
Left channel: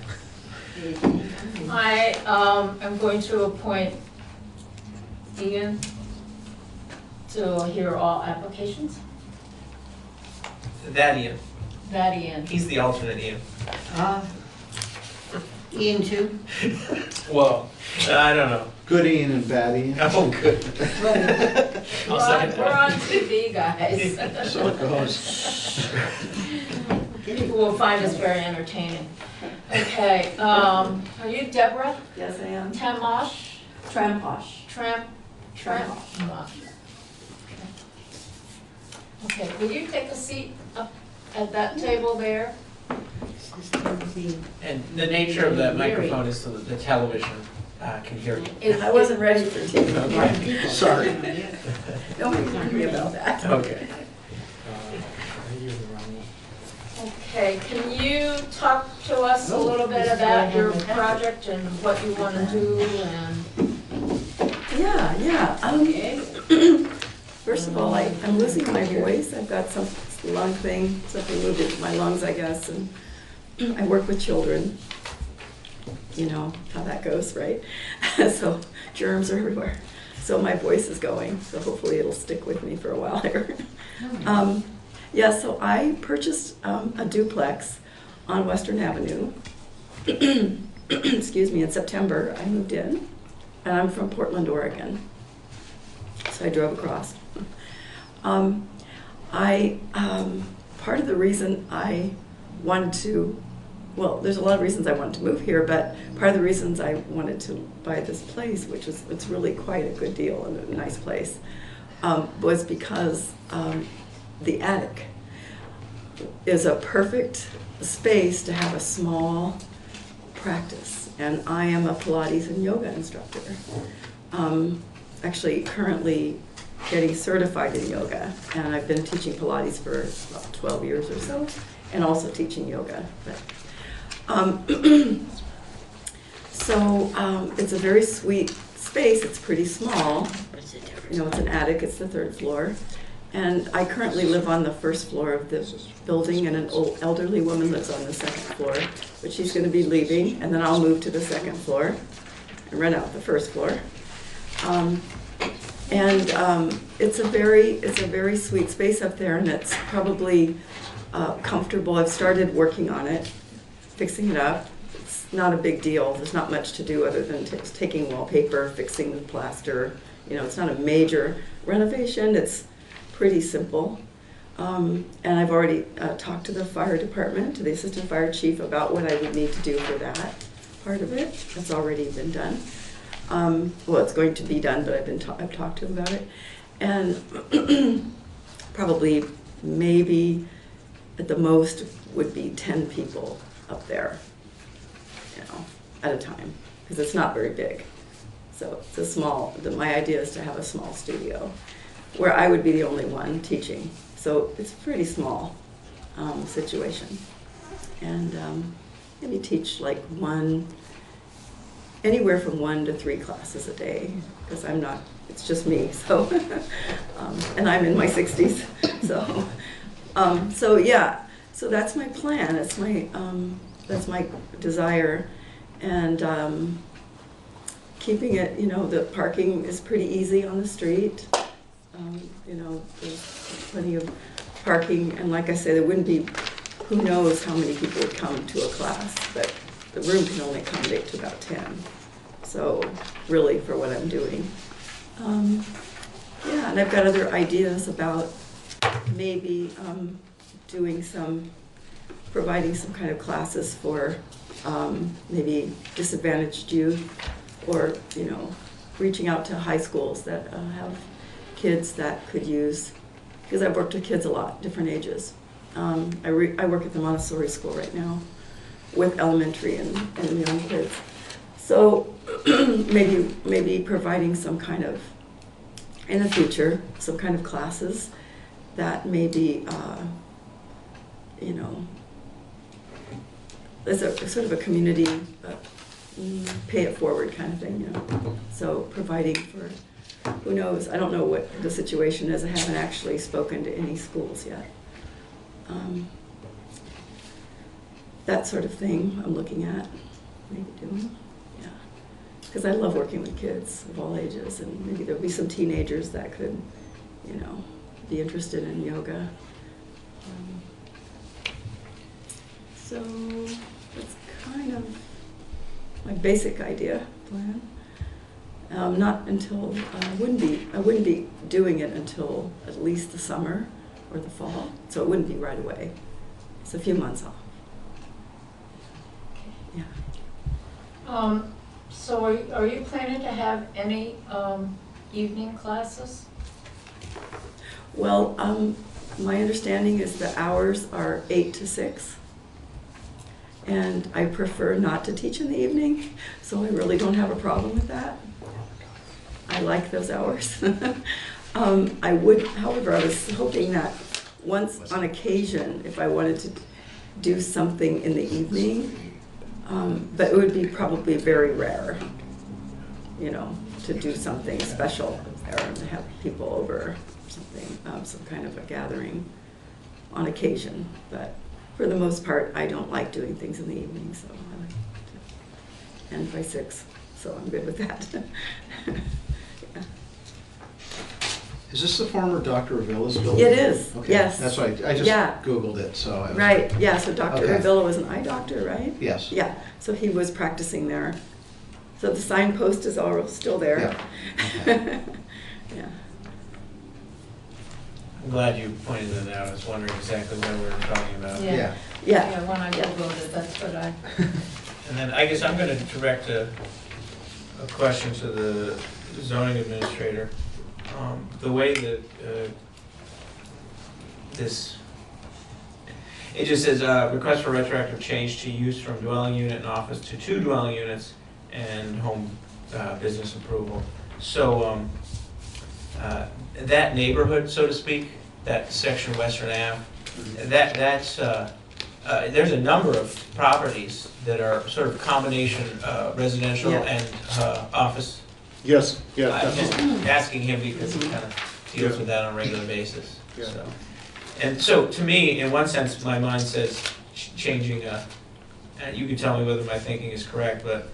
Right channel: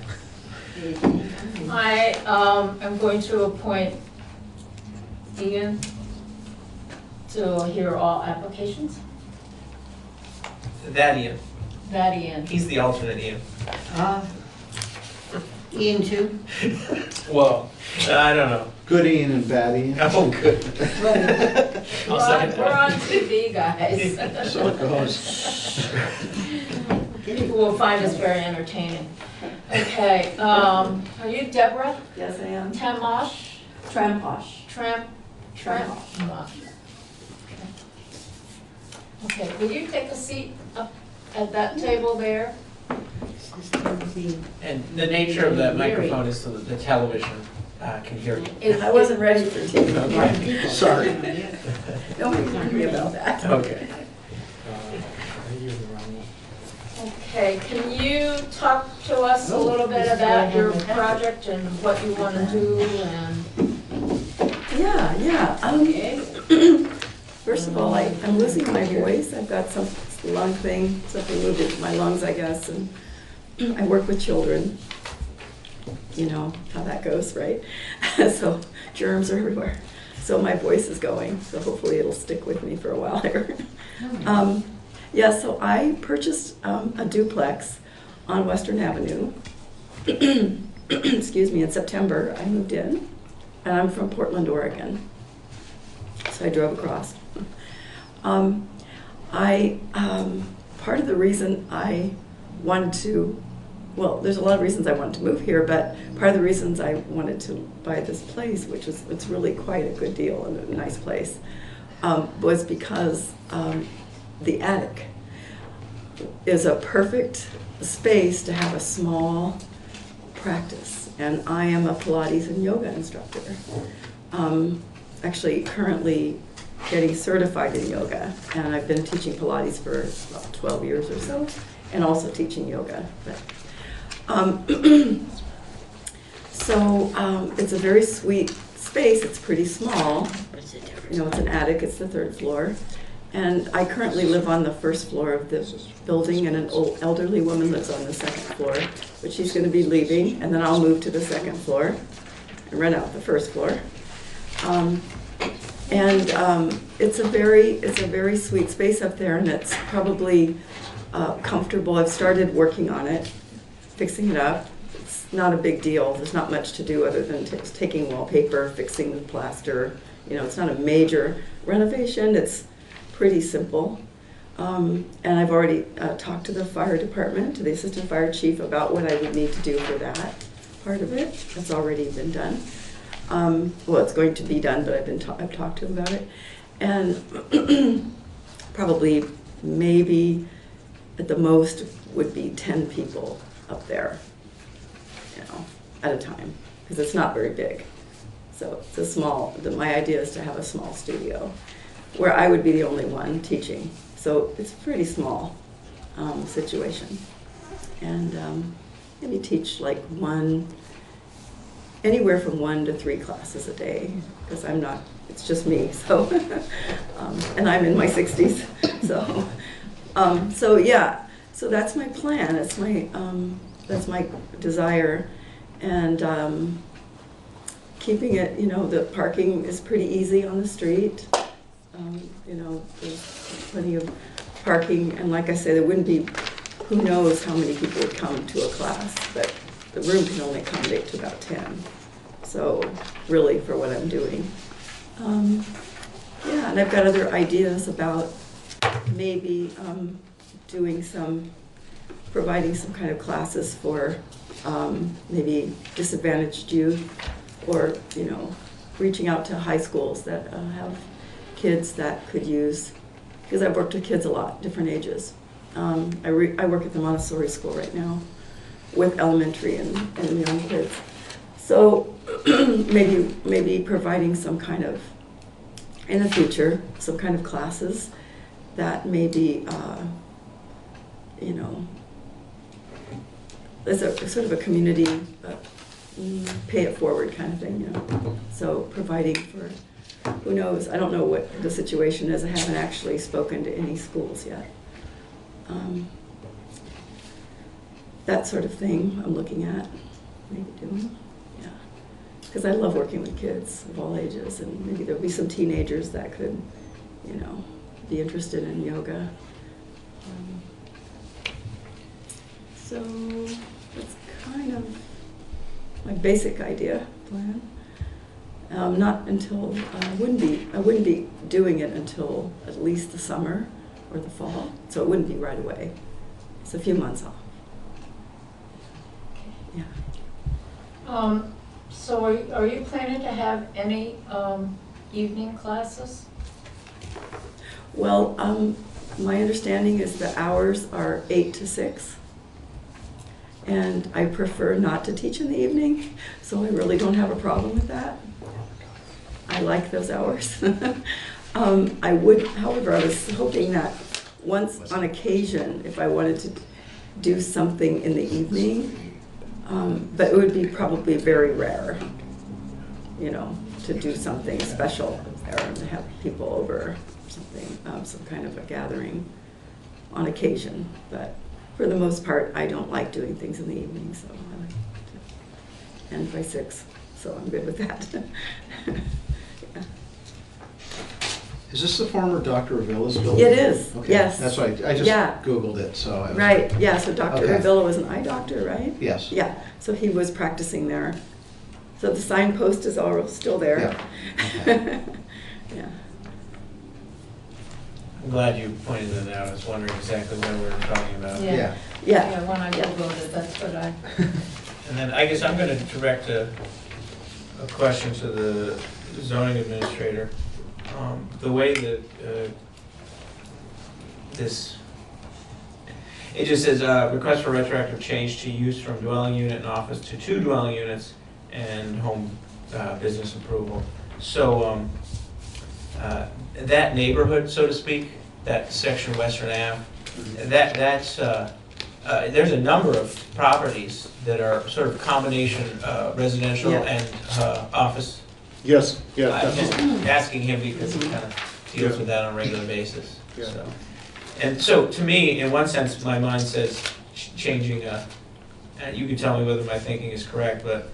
I am going to appoint Ian to hear all applications. That Ian. That Ian. He's the alternate Ian. Ian too? Well, I don't know. Good Ian and bad Ian. Oh, good. We're on TV, guys. So it goes. People will find us very entertaining. Okay, are you Deborah? Yes, I am. Tamosh? Tramposh. Tramposh. Okay, will you take a seat up at that table there? And the nature of that microphone is so that the television can hear you. I wasn't ready for TV. Okay. Sorry. Don't be angry about that. Okay. Okay, can you talk to us a little bit about your project and what you want to do and? Yeah. First of all, I'm losing my voice. I've got some lung thing, something moved into my lungs, I guess, and I work with children. You know how that goes, right? So germs are everywhere. So my voice is going, so hopefully it'll stick with me for a while here. Yeah, so I purchased a duplex on Western Avenue. Excuse me, in September I moved in, and I'm from Portland, Oregon. So I drove across. Part of the reason I wanted to, well, there's a lot of reasons I wanted to move here, but part of the reasons I wanted to buy this place, which is, it's really quite a good deal and a nice place, was because the attic is a perfect space to have a small practice. And I am a Pilates and yoga instructor. Actually, currently getting certified in yoga, and I've been teaching Pilates for about 12 years or so, and also teaching yoga. It's a very sweet space. It's pretty small. You know, it's an attic. It's the 3rd floor. And I currently live on the 1st floor of the building, and an old elderly woman lives on the 2nd floor, but she's going to be leaving, and then I'll move to the 2nd floor and rent out the 1st floor. It's a very sweet space up there, and it's probably comfortable. I've started working on it, fixing it up. It's not a big deal. There's not much to do other than taking wallpaper, fixing the plaster. You know, it's not a major renovation. It's pretty simple. And I've already talked to the fire department, to the assistant fire chief, about what I would need to do for that part of it. That's already been done. Well, it's going to be done, but I've talked to him about it. And probably, maybe, at the most, would be 10 people up there, you know, at a time, because it's not very big. So it's a small, my idea is to have a small studio where I would be the only one teaching. So it's a pretty small situation. And maybe teach like anywhere from 1 to 3 classes a day, because I'm not, it's just me, so, and I'm in my 60s, so yeah, so that's my plan, that's my desire, and keeping it, you know, the parking is pretty easy on the street, you know, there's plenty of parking, and like I say, there wouldn't be, who knows how many people would come to a class, but the room can only accommodate to about 10. So really, for what I'm doing. Yeah, and I've got other ideas about maybe providing some kind of classes for maybe disadvantaged youth, or, you know, reaching out to high schools that have kids that could use, because I've worked with kids a lot, different ages. I work at the Montessori school right now with elementary and young kids. So maybe providing some kind of, in the future, some kind of classes that maybe, you know, there's a sort of a community pay it forward kind of thing, you know. So providing for, who knows, I don't know what the situation is. I haven't actually spoken to any schools yet. That sort of thing I'm looking at, maybe doing, yeah. Because I love working with kids of all ages, and maybe there'll be some teenagers that could, you know, be interested in yoga. So that's kind of my basic idea plan. Not until I wouldn't be doing it until at least the summer or the fall. So it wouldn't be right away. It's a few months off. Yeah. So are you planning to have any evening classes? Well, my understanding is the hours are 8 to 6. And I prefer not to teach in the evening, so I really don't have a problem with that. I like those hours. I would, however, I was hoping that once on occasion, if I wanted to do something in the evening, but it would be probably very rare, you know, to do something special or to have people over or something, some kind of a gathering on occasion. But for the most part, I don't like doing things in the evening, so I like to end by 6, so I'm good with that. Yeah. Is this the former Dr. Avila's building? It is, Okay, yes. that's why I just Yeah. Googled it, so. I was Right, like, yeah, so Dr. Okay. Avila was an eye doctor, right? Yes. Yeah, so he was practicing there. So the signpost is all still there. Yeah. Yeah. I'm glad you pointed that out. I was wondering exactly what we were talking about. Yeah. Yeah. Yeah, when I Googled it, that's what I. And then I guess I'm going to direct a question to the zoning administrator. The way that it just says, request for retroactive change to use from dwelling unit and office to 2 dwelling units and home business approval. So that neighborhood, so to speak, that section Western Ave, that's there's a number of properties that are sort of combination residential Yeah. and office. Yes, yeah, I'm just definitely. asking him because he kind of deals Yeah. with that on a regular basis. Yeah. So, and so to me, in one sense, my mind says changing. And you can tell me whether my thinking is correct, but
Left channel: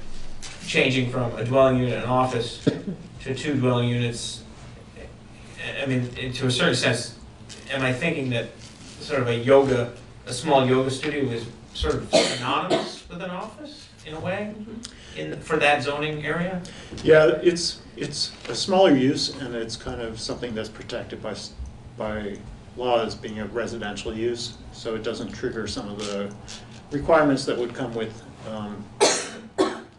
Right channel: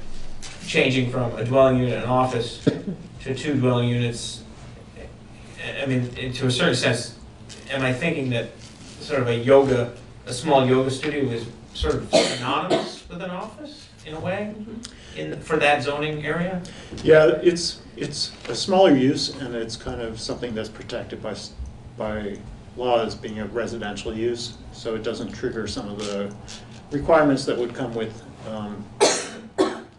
changing from a dwelling unit and office to 2 dwelling units. I mean, to a certain sense, am I thinking that sort of a small yoga studio is sort of synonymous with an office in a way, for that zoning area? Yeah, it's a smaller use, and it's kind of something that's protected by law as being a residential use, so it doesn't trigger some of the requirements that would come with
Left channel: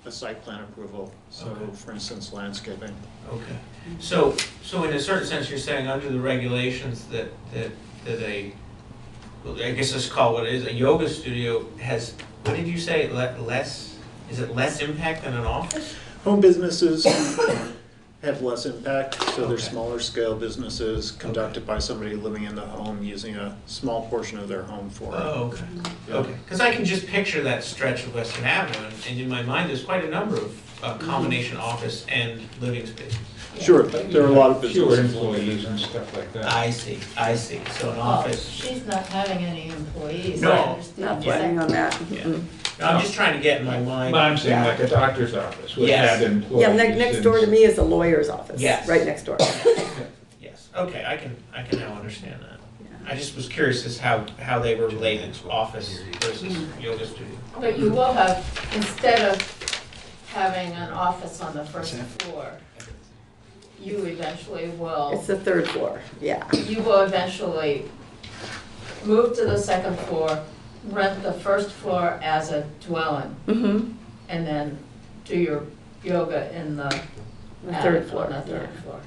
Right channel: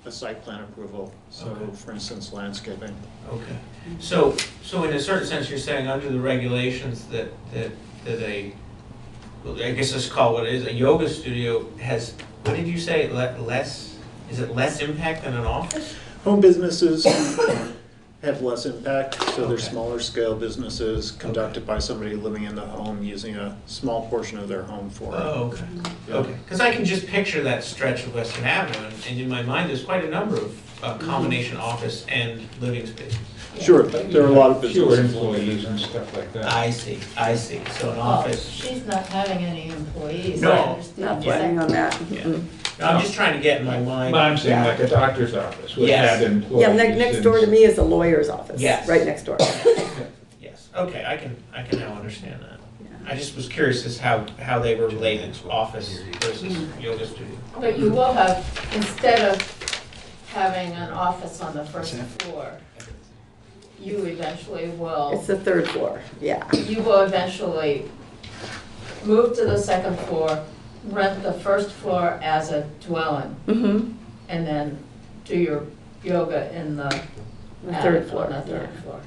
a site plan approval. So, Okay. for instance, landscaping. Okay. So in a certain sense, you're saying under the regulations that I guess let's call it what it is, a yoga studio has, what did you say, is it less impact than an office? Home businesses have less impact, so they're Okay. smaller scale businesses conducted by somebody living in the home using a small portion of their home for it. Oh, okay. Yeah. Okay. Because I can just picture that stretch of Western Avenue, and in my mind, there's quite a number of combination office and living spaces. Sure, there are a lot of businesses. Fewer employees and stuff like that. I see. So an Well, office. she's not having any employees. No. I understand. Not planning on that. Yeah. Mm-mm. No, I'm just trying to get in my mind. But I'm saying Yeah. like a doctor's office would Yes. have employees. Yeah, next door to and- me is a lawyer's office. Yes. Right next door. Yes, okay, I can now understand that. I just was curious as how they were related to office versus yoga studio. But you will have, instead of having an office on the first floor, you eventually will, It's the 3rd floor, yeah. you will eventually move to the 2nd floor, rent the 1st floor as a dwelling, Mm-hmm. and then do your yoga in the The attic 3rd floor, on the 3rd yeah. floor.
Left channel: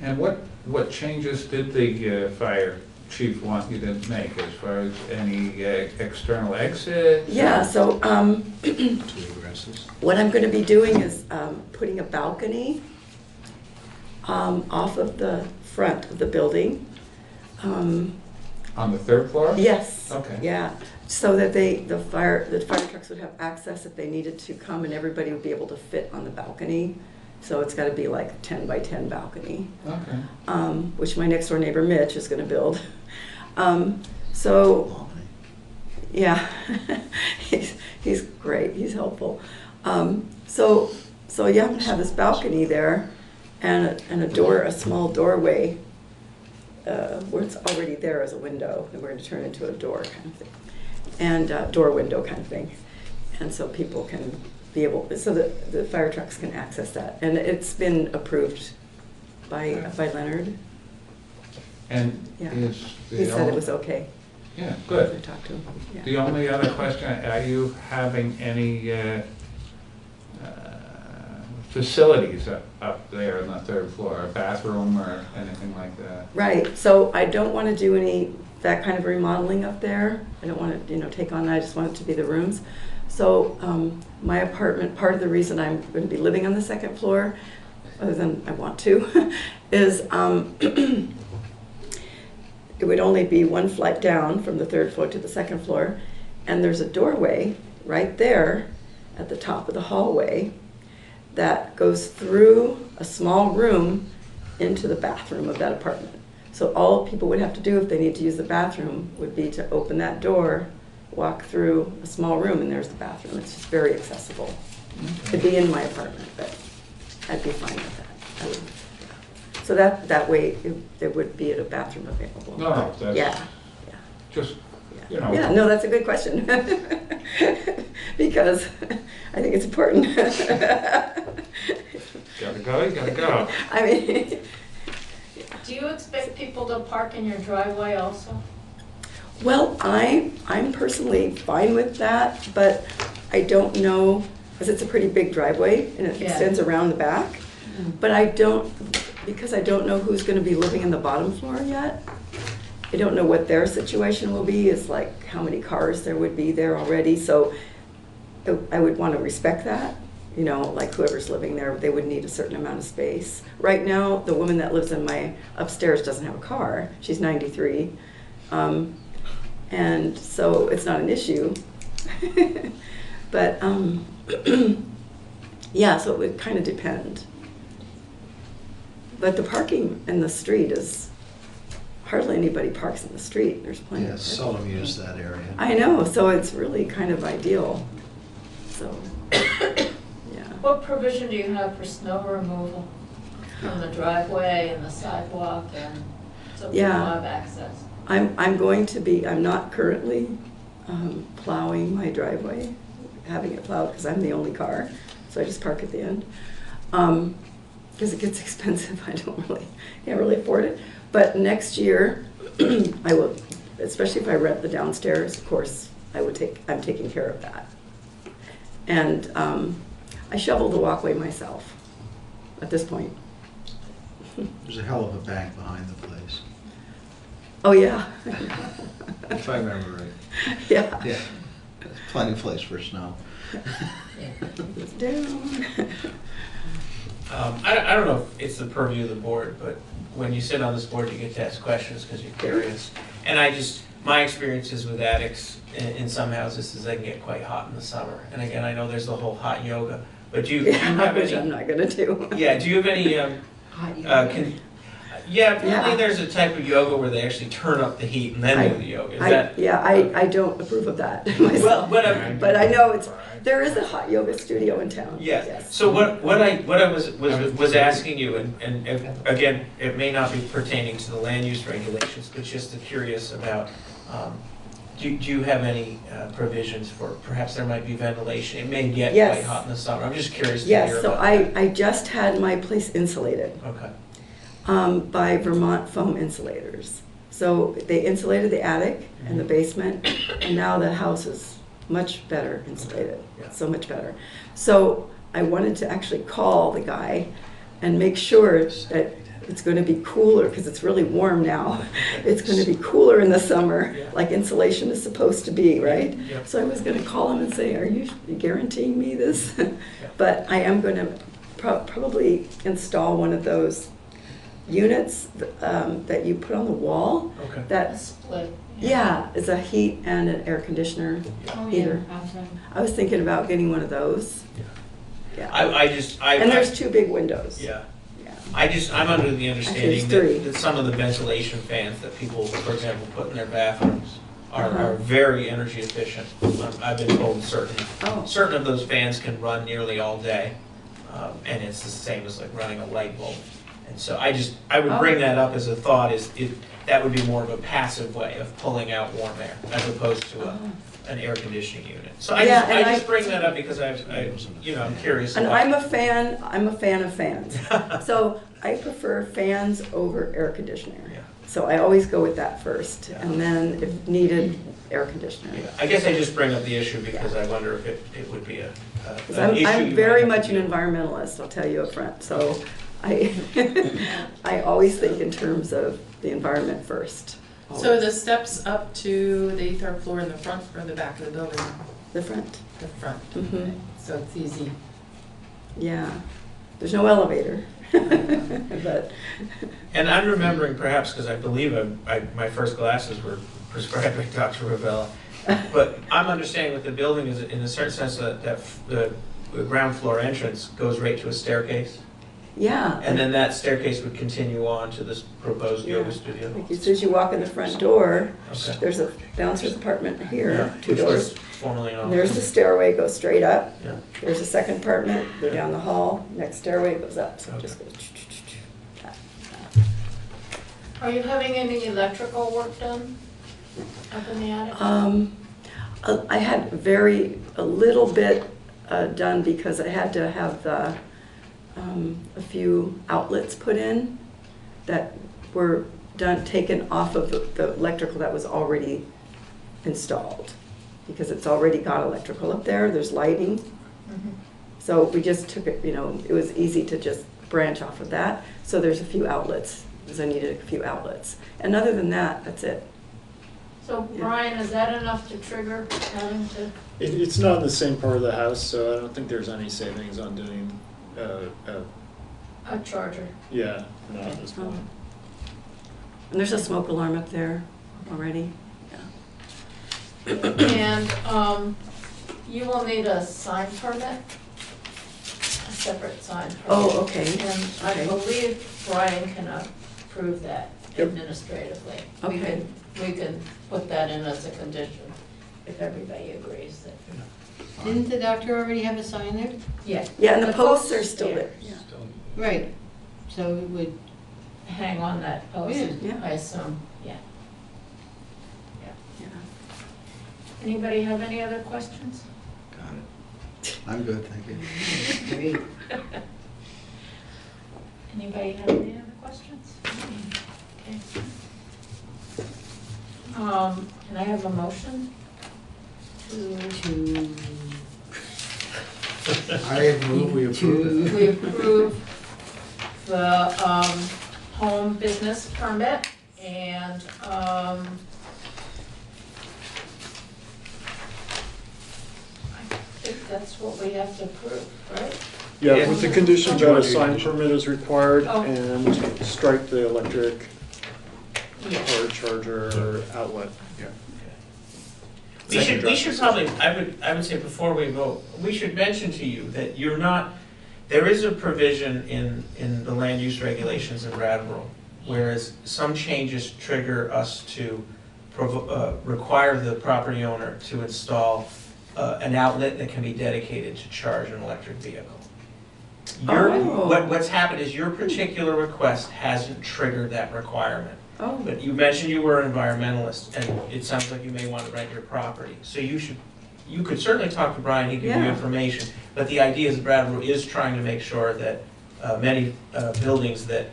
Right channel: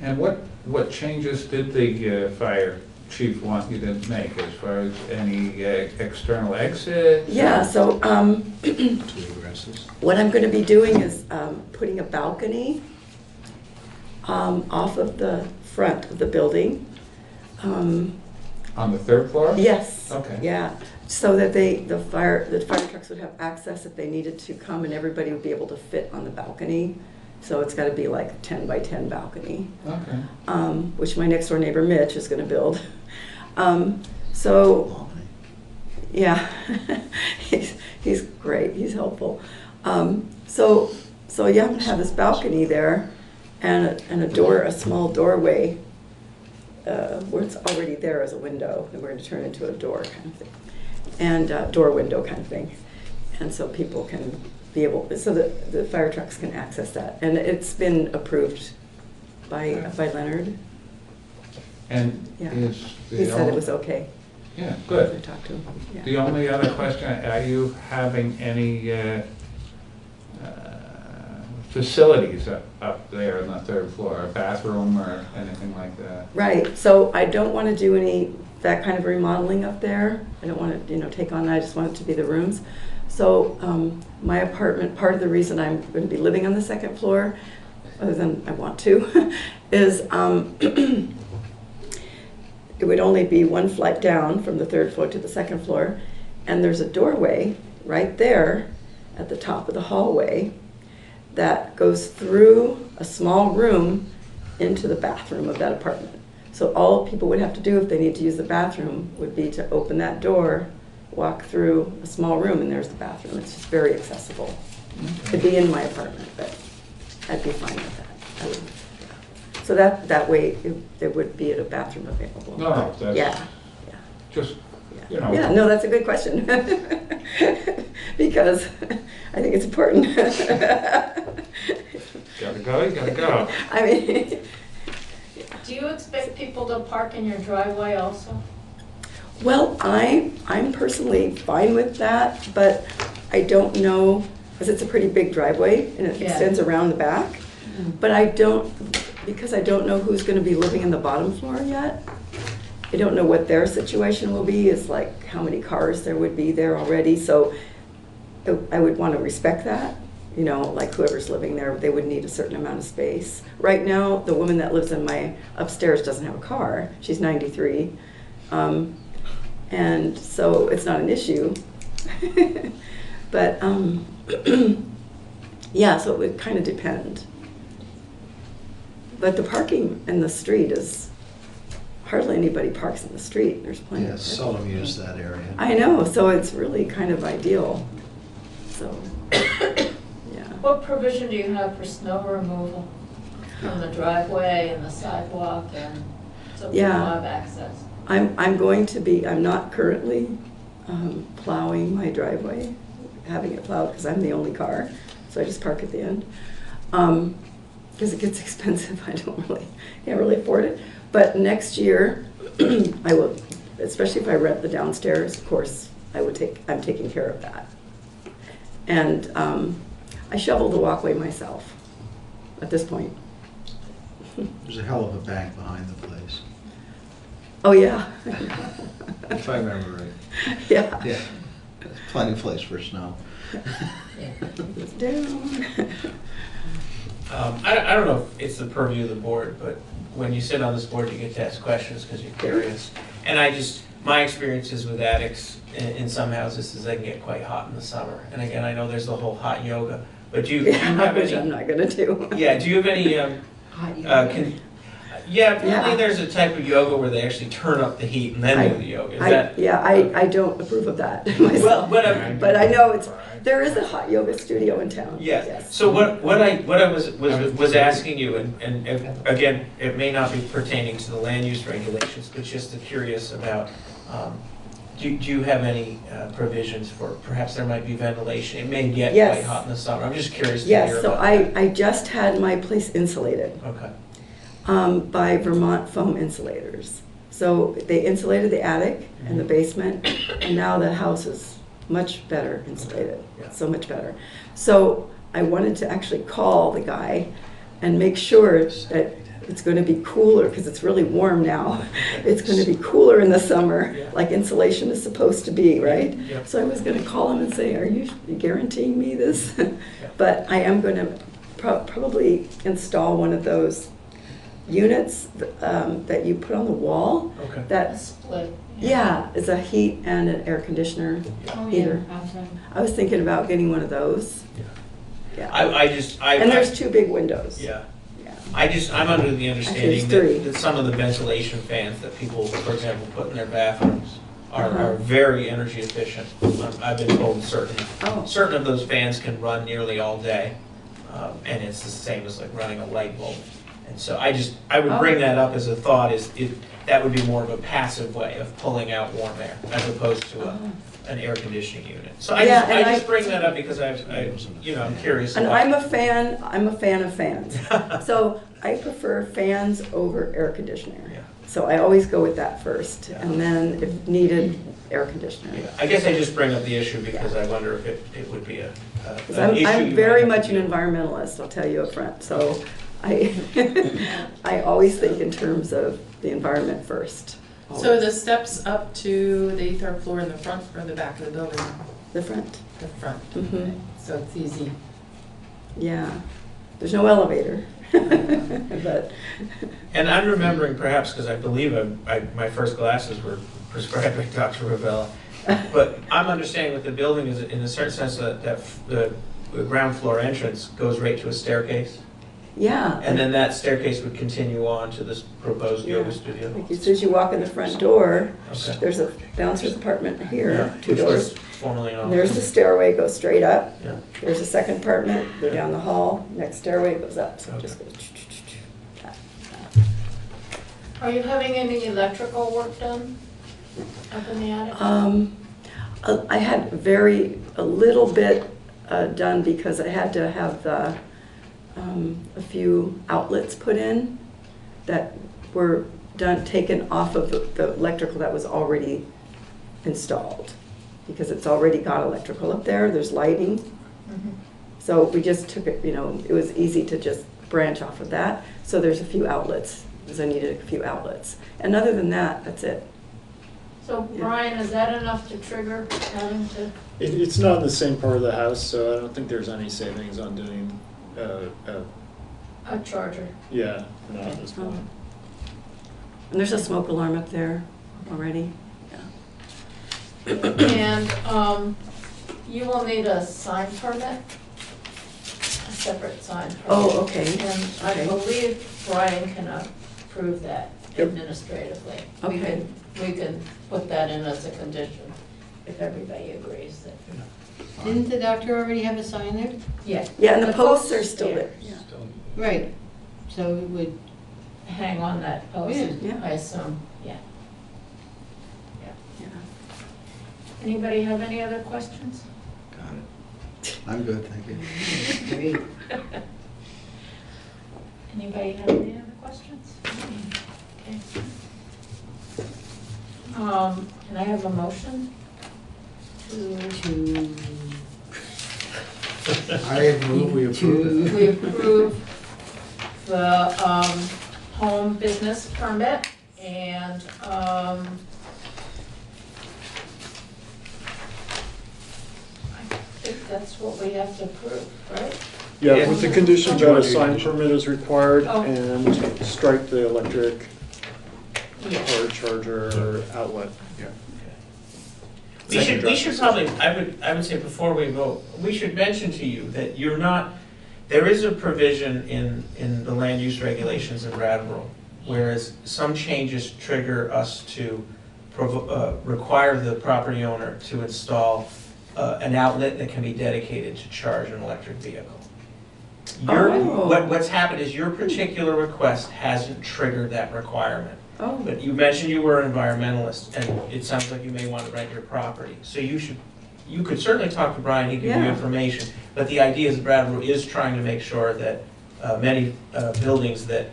And what changes did the fire chief want you to make as far as any external exits? Yeah, so Two egresses. what I'm going to be doing is putting a balcony off of the front of the building. On the 3rd floor? Yes. Okay. Yeah, so that the fire trucks would have access if they needed to come, and everybody would be able to fit on the balcony. So it's got to be like a 10 by 10 balcony, Okay. which my next door neighbor Mitch is going to build. So, yeah, he's great. He's helpful. So yeah, I'm going to have this balcony there, and a door, a small doorway where it's already there as a window, and we're going to turn it into a door kind of thing, and door window kind of thing. And so people can be able, so that the fire trucks can access that. And it's been approved by Leonard. And Yeah. is the He said it was okay. Yeah, I good. talked to him. Yeah. The only other question, are you having any facilities up there on the third floor, a bathroom or anything like that? Right, so I don't want to do any, that kind of remodeling up there. I don't want to, take on that, I just want it to be the rooms. So my apartment, part of the reason I'm going to be living on the second floor, other than I want to, is it would only be one flight down from the third floor to the second floor, and there's a doorway right there at the top of the hallway that goes through a small room into the bathroom of that apartment. So all people would have to do if they need to use the bathroom would be to open that door, walk through a small room, and there's the bathroom. It's just very accessible. It'd be in my apartment, but I'd be fine with that. I would, so that way there would be a bathroom available. No, that's yeah. just, Yeah, no, that's a good question. Because I think it's important. Gotta go, you gotta go. I mean, Do you expect people to park in your driveway also? well, I'm personally fine with that, but I don't know, because it's a pretty big driveway and it Yeah. extends around the back. But because I don't know who's going to be living in the bottom floor yet. I don't know what their situation will be, is like how many cars there would be there already. So I would want to respect that. Like whoever's living there, they would need a certain amount of space. Right now, the woman that lives in my upstairs doesn't have a car. She's 93. And so it's not an issue. But yeah, so it would kind of depend. But the parking in the street is, hardly anybody parks in the street. There's plenty Yeah, of seldom use that area. I know, so it's really kind of ideal. So, yeah. What provision do you have for snow removal from the driveway and the sidewalk and so people Yeah. have access? I'm not currently plowing my driveway, having it plowed because I'm the only car, so I just park at the end. Because it gets expensive, can't really afford it. But next year, I will, especially if I rent the downstairs, of course, I'm taking care of that. And I shovel the walkway myself at this point. There's a hell of a bank behind the place, Oh, yeah. if I remember right. Yeah. Yeah, plenty of place for snow. It's down. I don't know if it's the purview of the board, but when you sit on this board, you get to ask questions because you're curious. And my experiences with attics in some houses is they can get quite hot in the summer. And again, I know there's the whole hot yoga, but do you have Which any? I'm not gonna do. Yeah, do you have any, yeah, apparently there's a type of yoga where they actually turn up the heat and then do the yoga. Is that? Yeah, I don't approve of that myself. Well, But I know there is a hot yoga studio in town. Yeah. Yes. So what I was asking you, and again, it may not be pertaining to the land use regulations, but just curious about, do you have any provisions for, perhaps there might be ventilation? It may get quite hot in the summer. I'm just curious to hear Yes, so about that. I just had my place insulated. Okay. By Vermont Foam Insulators. So they insulated the attic and the basement, and now the house is much better insulated, so much better. So I wanted to actually call the guy and make sure that it's going to be cooler, because it's really warm now. It's going to be cooler in the summer, like insulation is supposed to be, right? Yep. So I was going to call him and say, are you guaranteeing me this? But I am going to probably install one of those units that you put on the wall. Okay. That Split. yeah, it's a heat and an air conditioner heater. I was thinking about getting one of those. Yeah. And there's two big windows. Yeah. I'm under the understanding that some of the ventilation fans that people, for example, put in their bathrooms are very energy efficient. I've been told certain of those fans can run nearly all day, and it's the same as like running a light bulb. And so I would bring that up as a thought, is if that would be more of a passive way of pulling out warm air as opposed to an air conditioning unit. So I just bring that up because I'm curious. And about I'm a fan of fans. So I prefer fans over air conditioner. Yeah. So I always go with that first, and then if needed, air conditioner. Yeah, I guess I just bring up the issue because I wonder if it would be an issue. I'm very much an environmentalist, I'll tell you up front. So I always think in terms of the environment first. So are the steps up to the 3rd floor in the front or the back of the building? The front. The front. Mm-hmm. So it's easy. Yeah. There's no elevator. But. And I'm remembering perhaps because I believe my first glasses were prescribed by Dr. Ravella. But I'm understanding with the building is in a certain sense that the ground floor entrance goes right to a staircase. Yeah. And then that staircase would continue on to this proposed yoga studio. Like as soon as you walk in the front door, Okay. there's a downstairs apartment here, Yeah, 2 which was doors. formerly an And there's the office. stairway, goes straight up. Yeah. There's a second apartment, go down the hall, next stairway goes up, so it Okay. just goes. Are you having any electrical work done up in the attic? I had a little bit done because I had to have a few outlets put in that were taken off of the electrical that was already installed. Because it's already got electrical up there, there's lighting. Mhm. So we just took it, it was easy to just branch off of that. So there's a few outlets, because I needed a few outlets. And other than that, that's it. So Brian, is that enough to trigger having to? It's not in the same part of the house, so I don't think there's any savings on doing, A charger. yeah, not at this point. And there's a smoke alarm up there already. And you will need a sign permit, a separate sign permit. Oh, okay. And I Okay. believe Brian can approve that Yep. administratively. Okay. We can put that in as a condition, if everybody agrees that. Didn't the doctor already have a sign there? Yeah. Yeah, and the posts are still there. Right, so it would, Hang on that post, Yeah. I assume, yeah. Yeah. Anybody have any other questions? Got it. I'm good, thank you. great. Anybody have any other questions? Okay. Can I have a motion to? I move we approve it. We approve the home business permit and I think that's what we have to approve, right? Yeah, with the condition that a Yeah. sign permit is required Oh. and strike the electric Yeah. or charger outlet. We should probably, I would say before we vote, we should mention to you that there is a provision in the land use regulations in Brattleboro, whereas some changes trigger us to require the property owner to install an outlet that can be dedicated to charge an electric vehicle. What's happened is your particular request hasn't triggered that requirement. Oh. But you mentioned you were an environmentalist, and it sounds like you may want to rent your property. So you could certainly talk to Brian, he'd give you Yeah. information. But the idea is Brattleboro is trying to make sure that many buildings that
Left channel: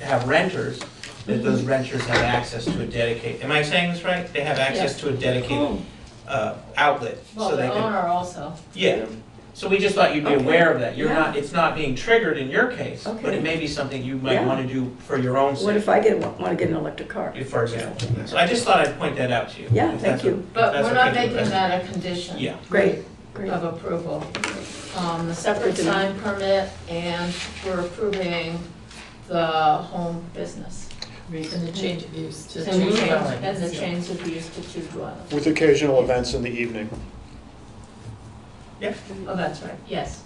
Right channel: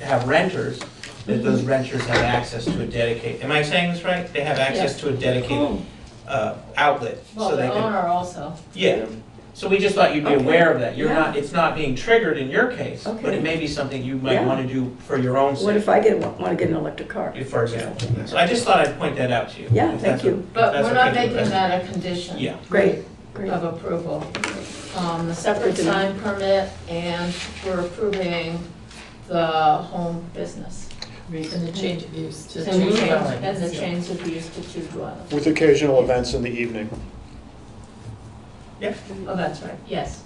have renters, that those renters have access to a dedicated, am I saying this right? They have access to a dedicated outlet. Well, so they the can. owner also. Yeah, so we just thought you'd be aware of that. Yeah. It's not being triggered in your case, but Okay. it may be something you might Yeah. want to do for your own sake. What if I want to get an electric car? For example. So I just thought I'd point that out to you. Yeah, if thank that's you. if But that's we're not okay with making you. that a condition. Yeah. Great. Of approval. The separate Good to know. sign permit, and we're approving the home business. And the change of use to And the two change- dwellings. and the change of use to 2 dwellings. With occasional events in the evening. Yeah. Oh, that's right, yes.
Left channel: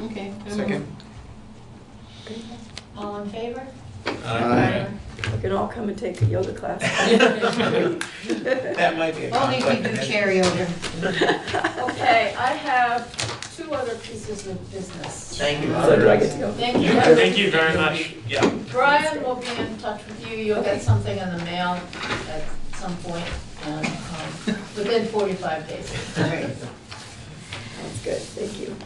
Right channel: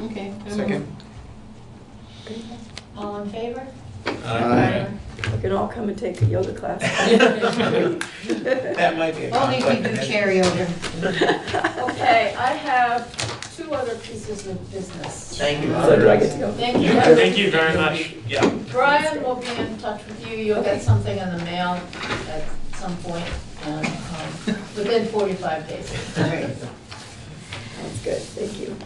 Okay. Second. All in favor? Aye. We can all come and take a yoga class. That might be a Only if we conflict. do of interest. carryover. Okay, I have 2 two other pieces of business. Thank you. So do I get to go? Thank you. Thank you very much. Yeah. Brian will be in touch with you. You'll get something in the mail at some point, and within 45 days. That's good, thank you.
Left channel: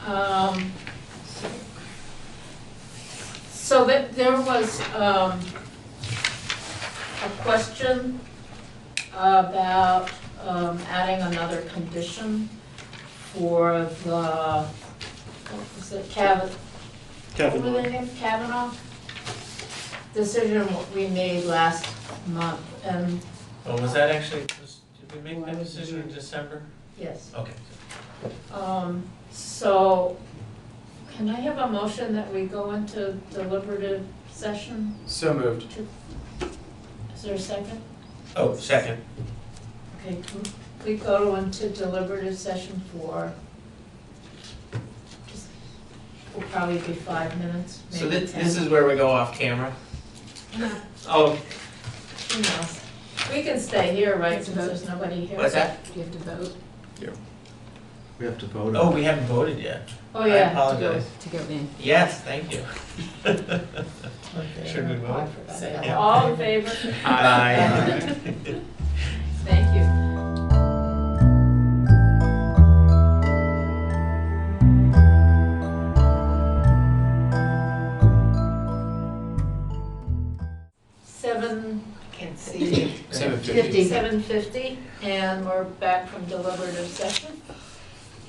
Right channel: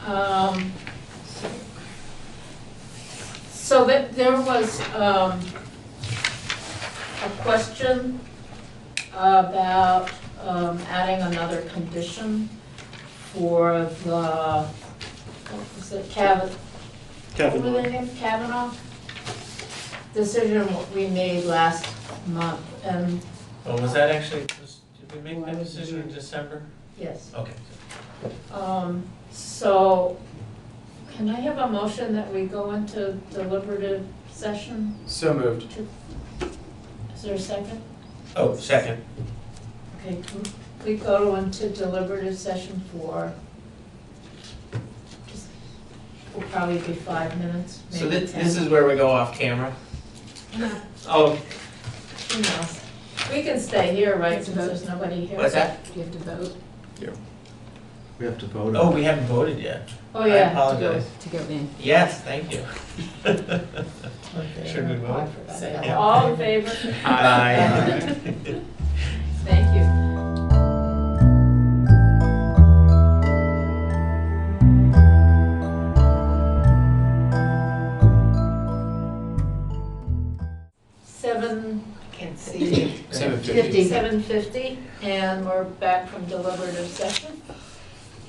So that there was a question about adding another condition for the, what was it, Kavanaugh decision we made last month, and Well, was that actually, did we make that decision in December? yes. Okay. So, can I have a motion that we go into deliberative session? So moved. Is there a second? Oh, second. Okay, can we go into deliberative session for, just, will probably be 5 minutes, So maybe this 10. is where we go off camera? Oh, Who knows? We can stay here, right, since there's nobody here. what's that? Do you have to vote? We have to vote Oh, on we haven't voted yet. Oh, I yeah. apologize. To go in. Yes, thank you. Should we I vote? forgot Say that. aye. All in favor? Aye. Thank you. Can't see. 7:50. 7:50, and we're back from deliberative session.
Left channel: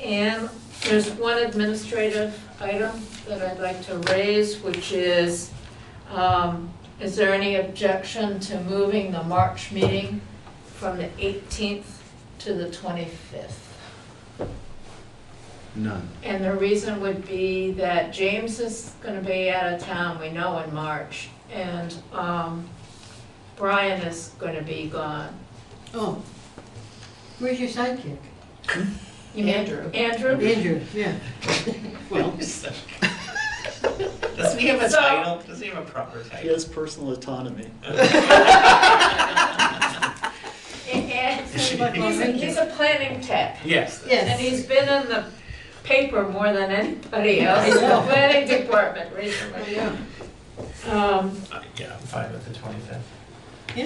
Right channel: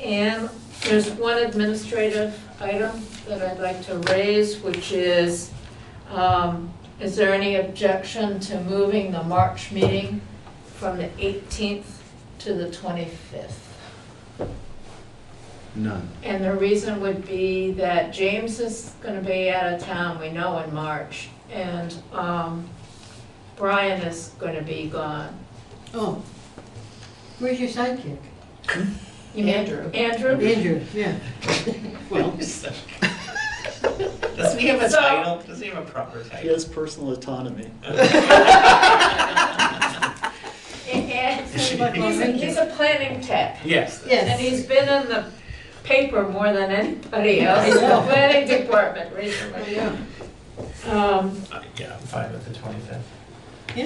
And there's one administrative item that I'd like to raise, which is there any objection to moving the March meeting from the 18th to the 25th? none. And the reason would be that James is gonna be out of town, we know, in March, and Brian is gonna be gone. Oh, where's your sidekick? You mean Andrew. Andrew? Andrew, yeah. Well, Doesn't he have a So- title? Does he have a proper He title? has personal autonomy. And he's a planning tech. Yes. yes. And he's been in the paper more than anybody else, I in the know. planning department recently. Yeah. Yeah, I'm fine with the 25th.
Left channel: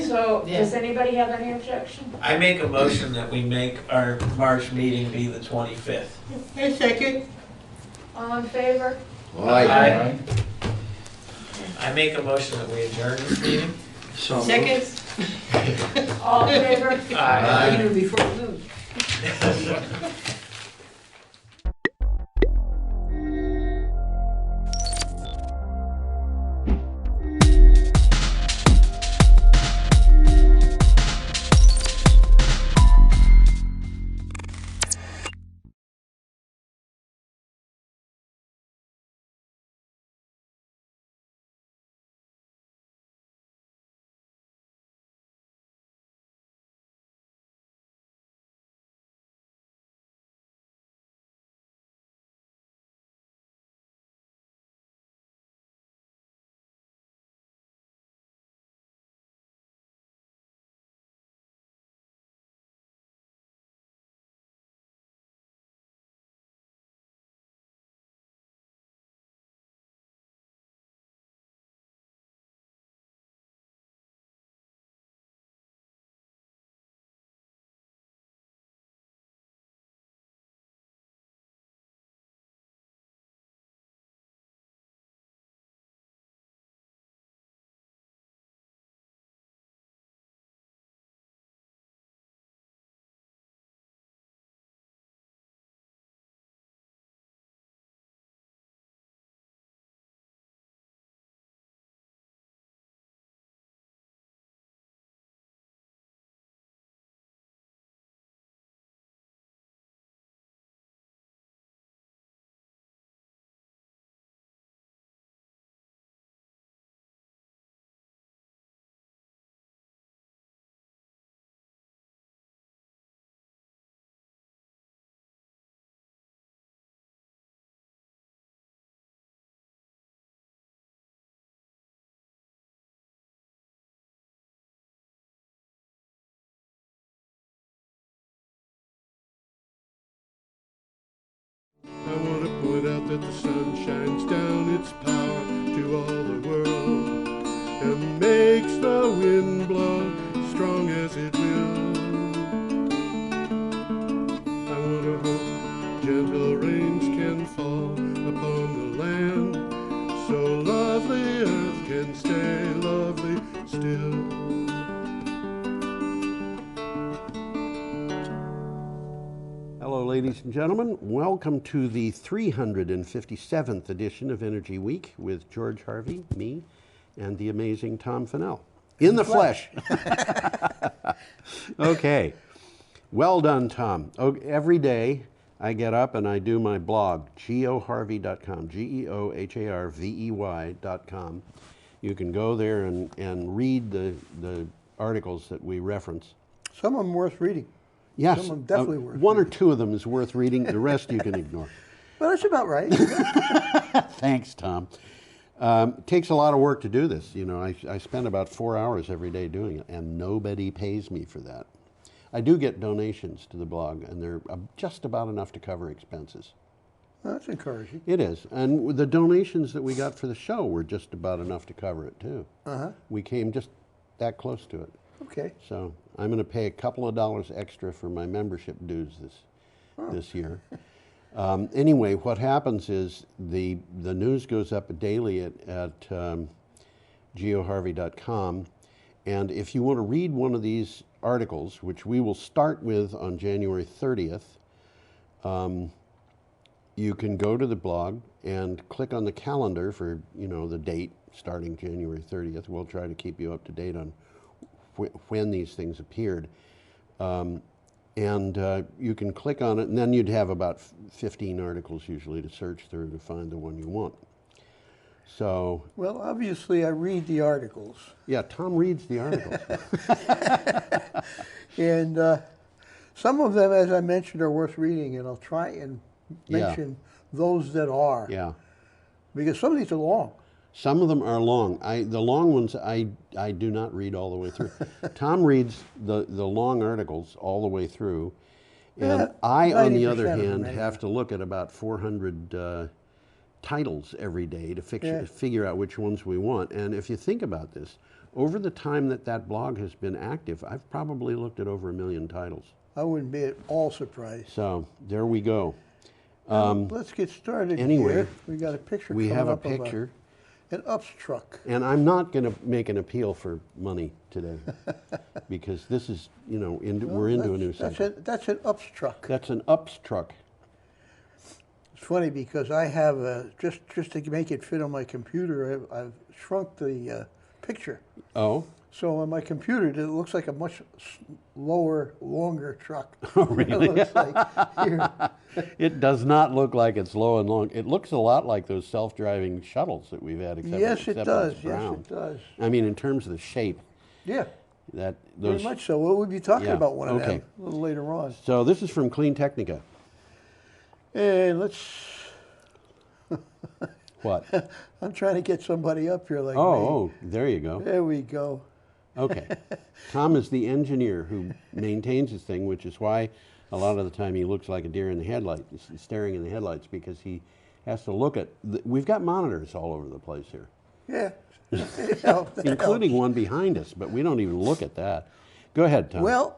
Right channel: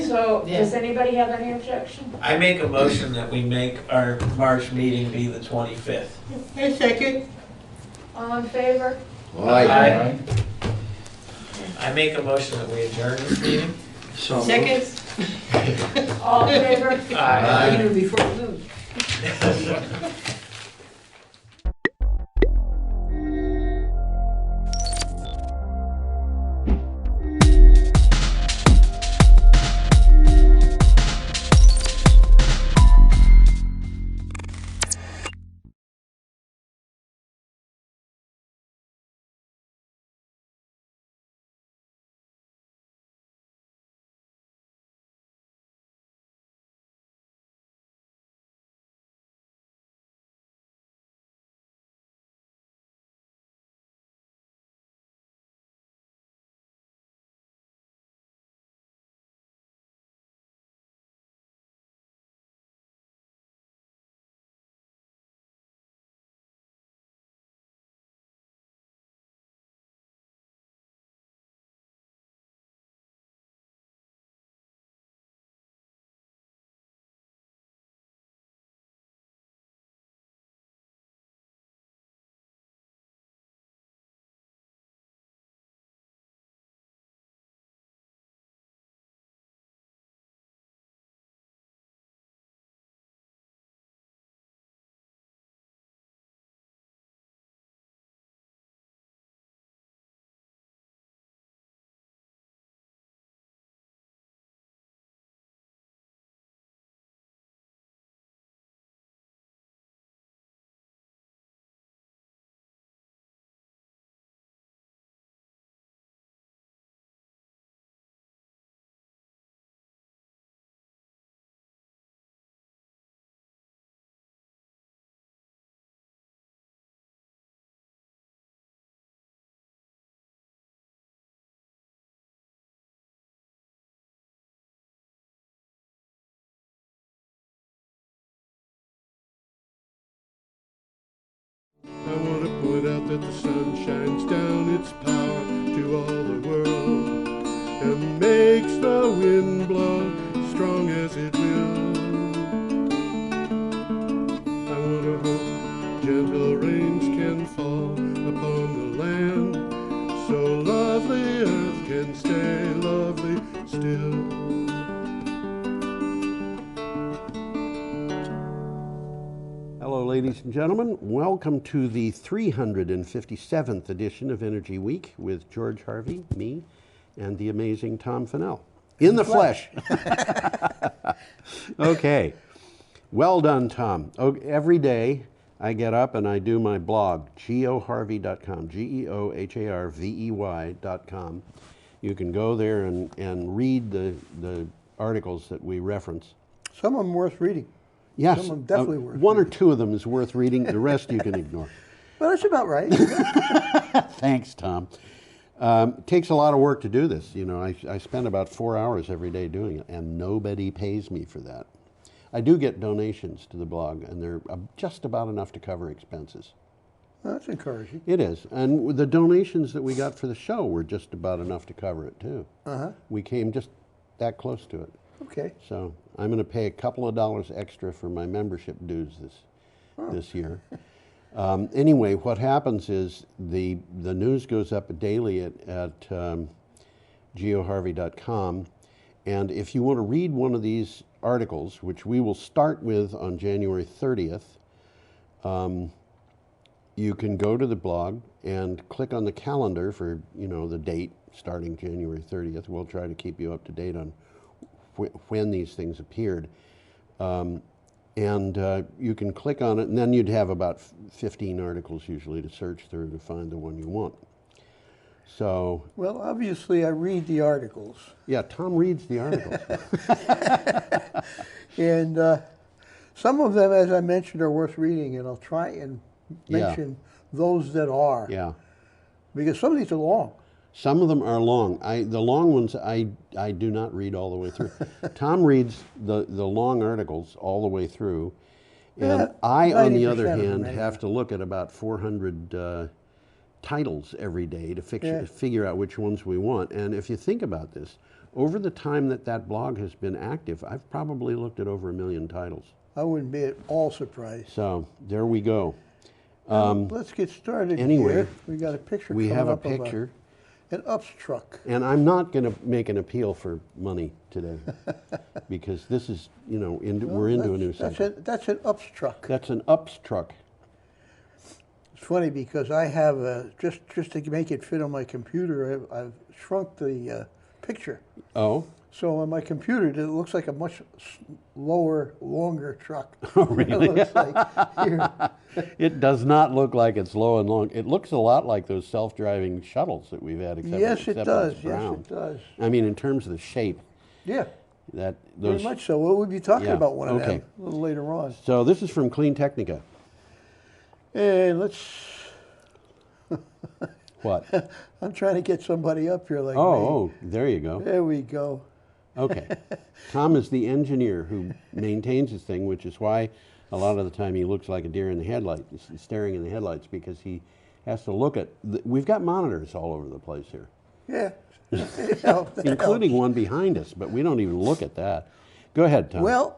So, Yeah. does anybody have any objection? I make a motion that we make our March meeting be the 25th. A second. All in favor? Aye. I make a motion that we adjourn this meeting. So moved. Second. All in favor? Aye. Even before the vote. point out that the sun shines down its power to all the world and makes the wind blow strong as it will. I want to hope gentle rains can fall upon the land, so lovely earth can stay lovely still. Hello, ladies and gentlemen. Welcome to the 357th edition of Energy Week with George Harvey, me, and the amazing Tom Fennell. In the flesh. Okay. Well done, Tom. Every day I get up and I do my blog, geoharvey.com, geoharvey.com. You can go there and read the articles that we reference. Some of them worth reading. Yes, Some of them definitely worth one reading. or two of them is worth reading. The rest you can ignore. Well, that's about right. Thanks, Tom. Takes a lot of work to do this. You know, I spend about 4 hours every day doing it, and nobody pays me for that. I do get donations to the blog, and they're just about enough to cover expenses. Well, that's encouraging. It is, and the donations that we got for the show were just about enough to cover it too. Uh-huh. We came just that close to it. Okay. So I'm going to pay a couple of dollars extra for my membership dues this year. Anyway, what happens is the news goes up daily at geoharvey.com, and if you want to read one of these articles, which we will start with on January 30th, you can go to the blog and click on the calendar for, you know, the date starting January 30th. We'll try to keep you up to date on when these things appeared. You can click on it, and then you'd have about 15 articles usually to search through to find the one you want. So, Well, obviously, I read the articles. yeah, Tom reads the articles. And some of them, as I mentioned, are worth reading, and I'll try and mention those that are. Yeah. Because some of these are long. Some of them are long. The long ones I do not read all the way through. Tom reads the long articles all the way through, and Yeah, I, on the 90% other of them, hand, anyway. have to look at about 400 titles every day to figure out which ones we want. And if you think about this, over the time that blog has been active, I've probably looked at over 1 million titles. I wouldn't be at all surprised. So there we go. Let's get started anyway, here. We got a picture we coming have a up of picture. An UPS truck. And I'm not going to make an appeal for money today, because this is, you know, we're into a new cycle. That's an UPS truck. That's an UPS truck. It's funny because I have just to make it fit on my computer, I've shrunk the picture. Oh. So on my computer, it looks like a much longer truck. Oh, really? It looks like here. It does not look like it's low and long. It looks a lot like those self-driving shuttles that we've had, Yes, it except does. it's Yes, brown. it does. I mean, in terms of the shape. Yeah. Very much so. We'll be talking Yeah, about one of okay. them a little later on. So this is from Clean Technica. And let's. What? I'm trying to get somebody up here like me. Oh, there you go. There we go. Okay. Tom is the engineer who maintains this thing, which is why a lot of the time he looks like a deer in the headlights, staring in the headlights, because he has to look at. We've got monitors all over the place here. Yeah. That helps. Including one behind us, but we don't even look at that. Go ahead, Tom. Well,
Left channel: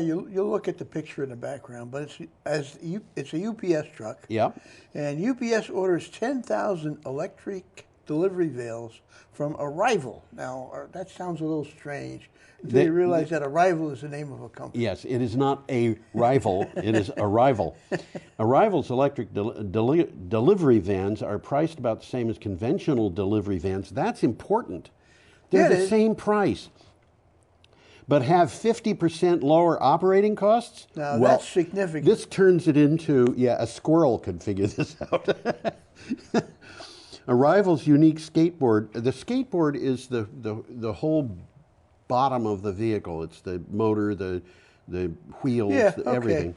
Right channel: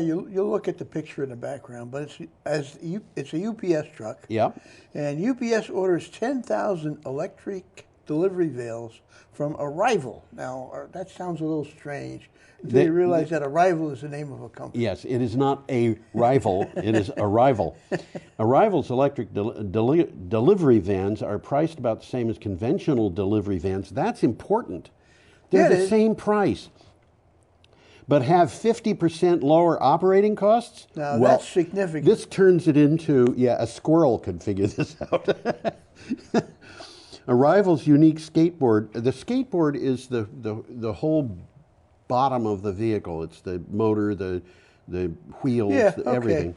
you'll look at the picture in the background, but it's a UPS truck. Yeah. And UPS orders 10,000 electric delivery veils from Arrival. Now, that sounds a little strange until you realize that Arrival is the name of a company. Yes, it is not a rival, it is Arrival. Arrival's electric delivery vans are priced about the same as conventional delivery vans. That's important. They're the same price, but have 50% lower operating costs. Now, that's significant. This turns it into, a squirrel could figure this out. Arrival's unique skateboard, the skateboard is the whole bottom of the vehicle. It's the motor, the wheels, everything.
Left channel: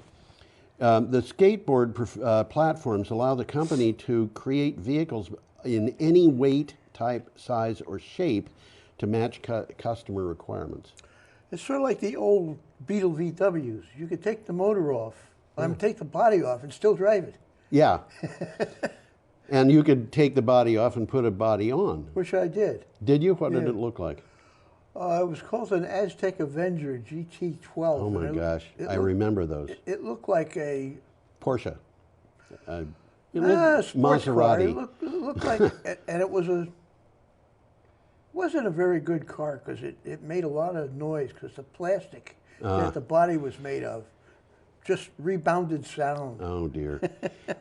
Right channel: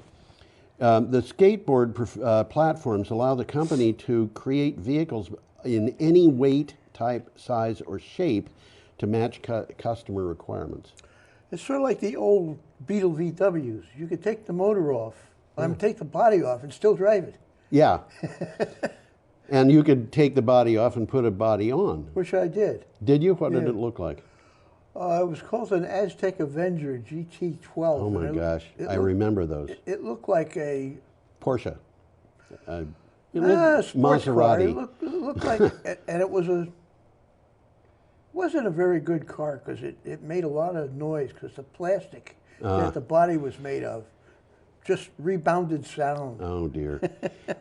The skateboard platforms allow the company to create vehicles in any weight, type, size, or shape to match customer requirements. It's sort of like the old Beetle VWs. You could take the motor off I'm take the body off and still drive it. Yeah. And you could take the body off and put a body on. Which I did. Did you? What did Yeah. it look like? It was called an Aztec Avenger GT12. Oh my gosh, I remember those. It looked like a Porsche. It looked sports car. Maserati. It looked like, and it wasn't a very good car because it made a lot of noise because the plastic that the body was made of just rebounded sound. Oh dear.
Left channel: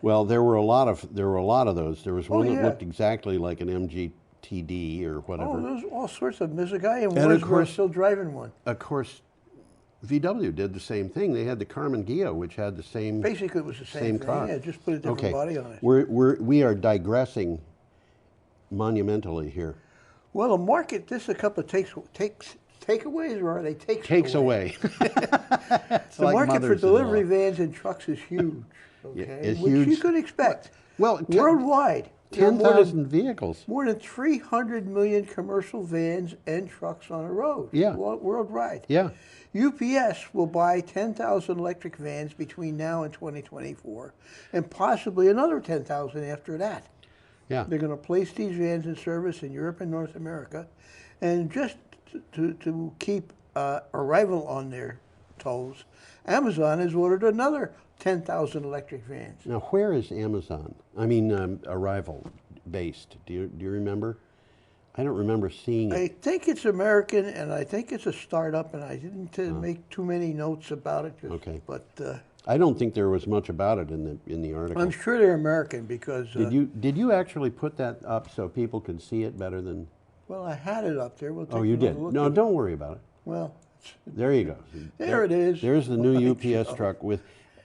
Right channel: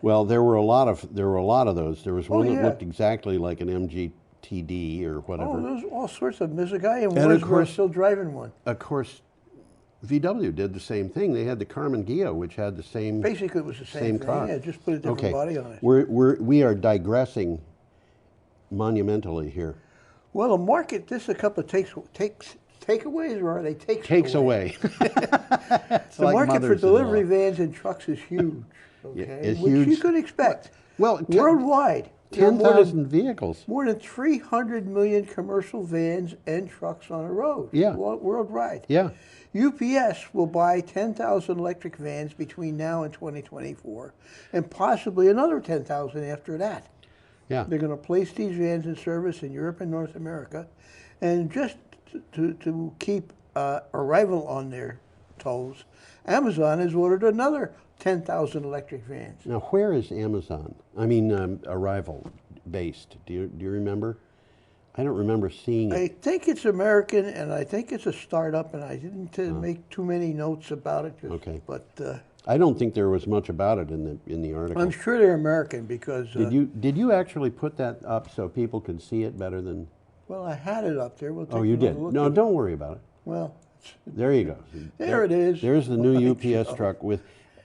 Well, there were a lot of those. There was one that yeah. looked exactly like an MGTD or whatever. Oh, there's all sorts of. There's a guy in And of Wardsboro course- still driving one. Of course, VW did the same thing. They had the Carmen Ghia, which had the same. Basically, it was the same thing. car. Yeah, just put a different Okay. body on it. We are digressing monumentally here. Well, the market. This is a couple of takeaways, or are they takes? Takes away. The like market for mothers-in-law. delivery vans and trucks is huge. Okay, it's which huge. you could expect. Well, worldwide, there are more than 10,000 vehicles. More than 300 million commercial vans and trucks on the road. Yeah. Worldwide. Yeah. UPS will buy 10,000 electric vans between now and 2024, and possibly another 10,000 after that. Yeah. They're going to place these vans in service in Europe and North America, and just to keep Arrival on their toes, Amazon has ordered another 10,000 electric vans. Now, where is Amazon? I mean, Arrival based. Do you remember? I don't remember seeing I it. think it's American, and I think it's a startup, and I didn't make too many notes about it. Okay. But I don't think there was much about it in the article. I'm sure they're American because. Did you actually put that up so people could see it better than? Well, I had it up there. We'll take Oh, you another did. look No, at it. don't worry about it. Well, There you go. There it is. There's the new Right, UPS truck with,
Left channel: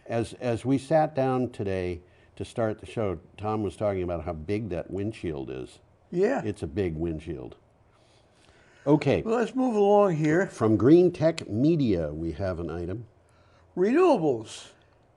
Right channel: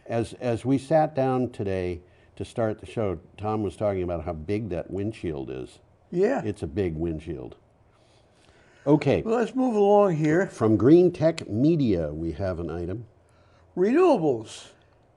as we sat down today to start the show, Tom was talking about how big that windshield is. Yeah. It's a big windshield. Okay. Well, let's move along here. From Green Tech Media, we have an item. Renewables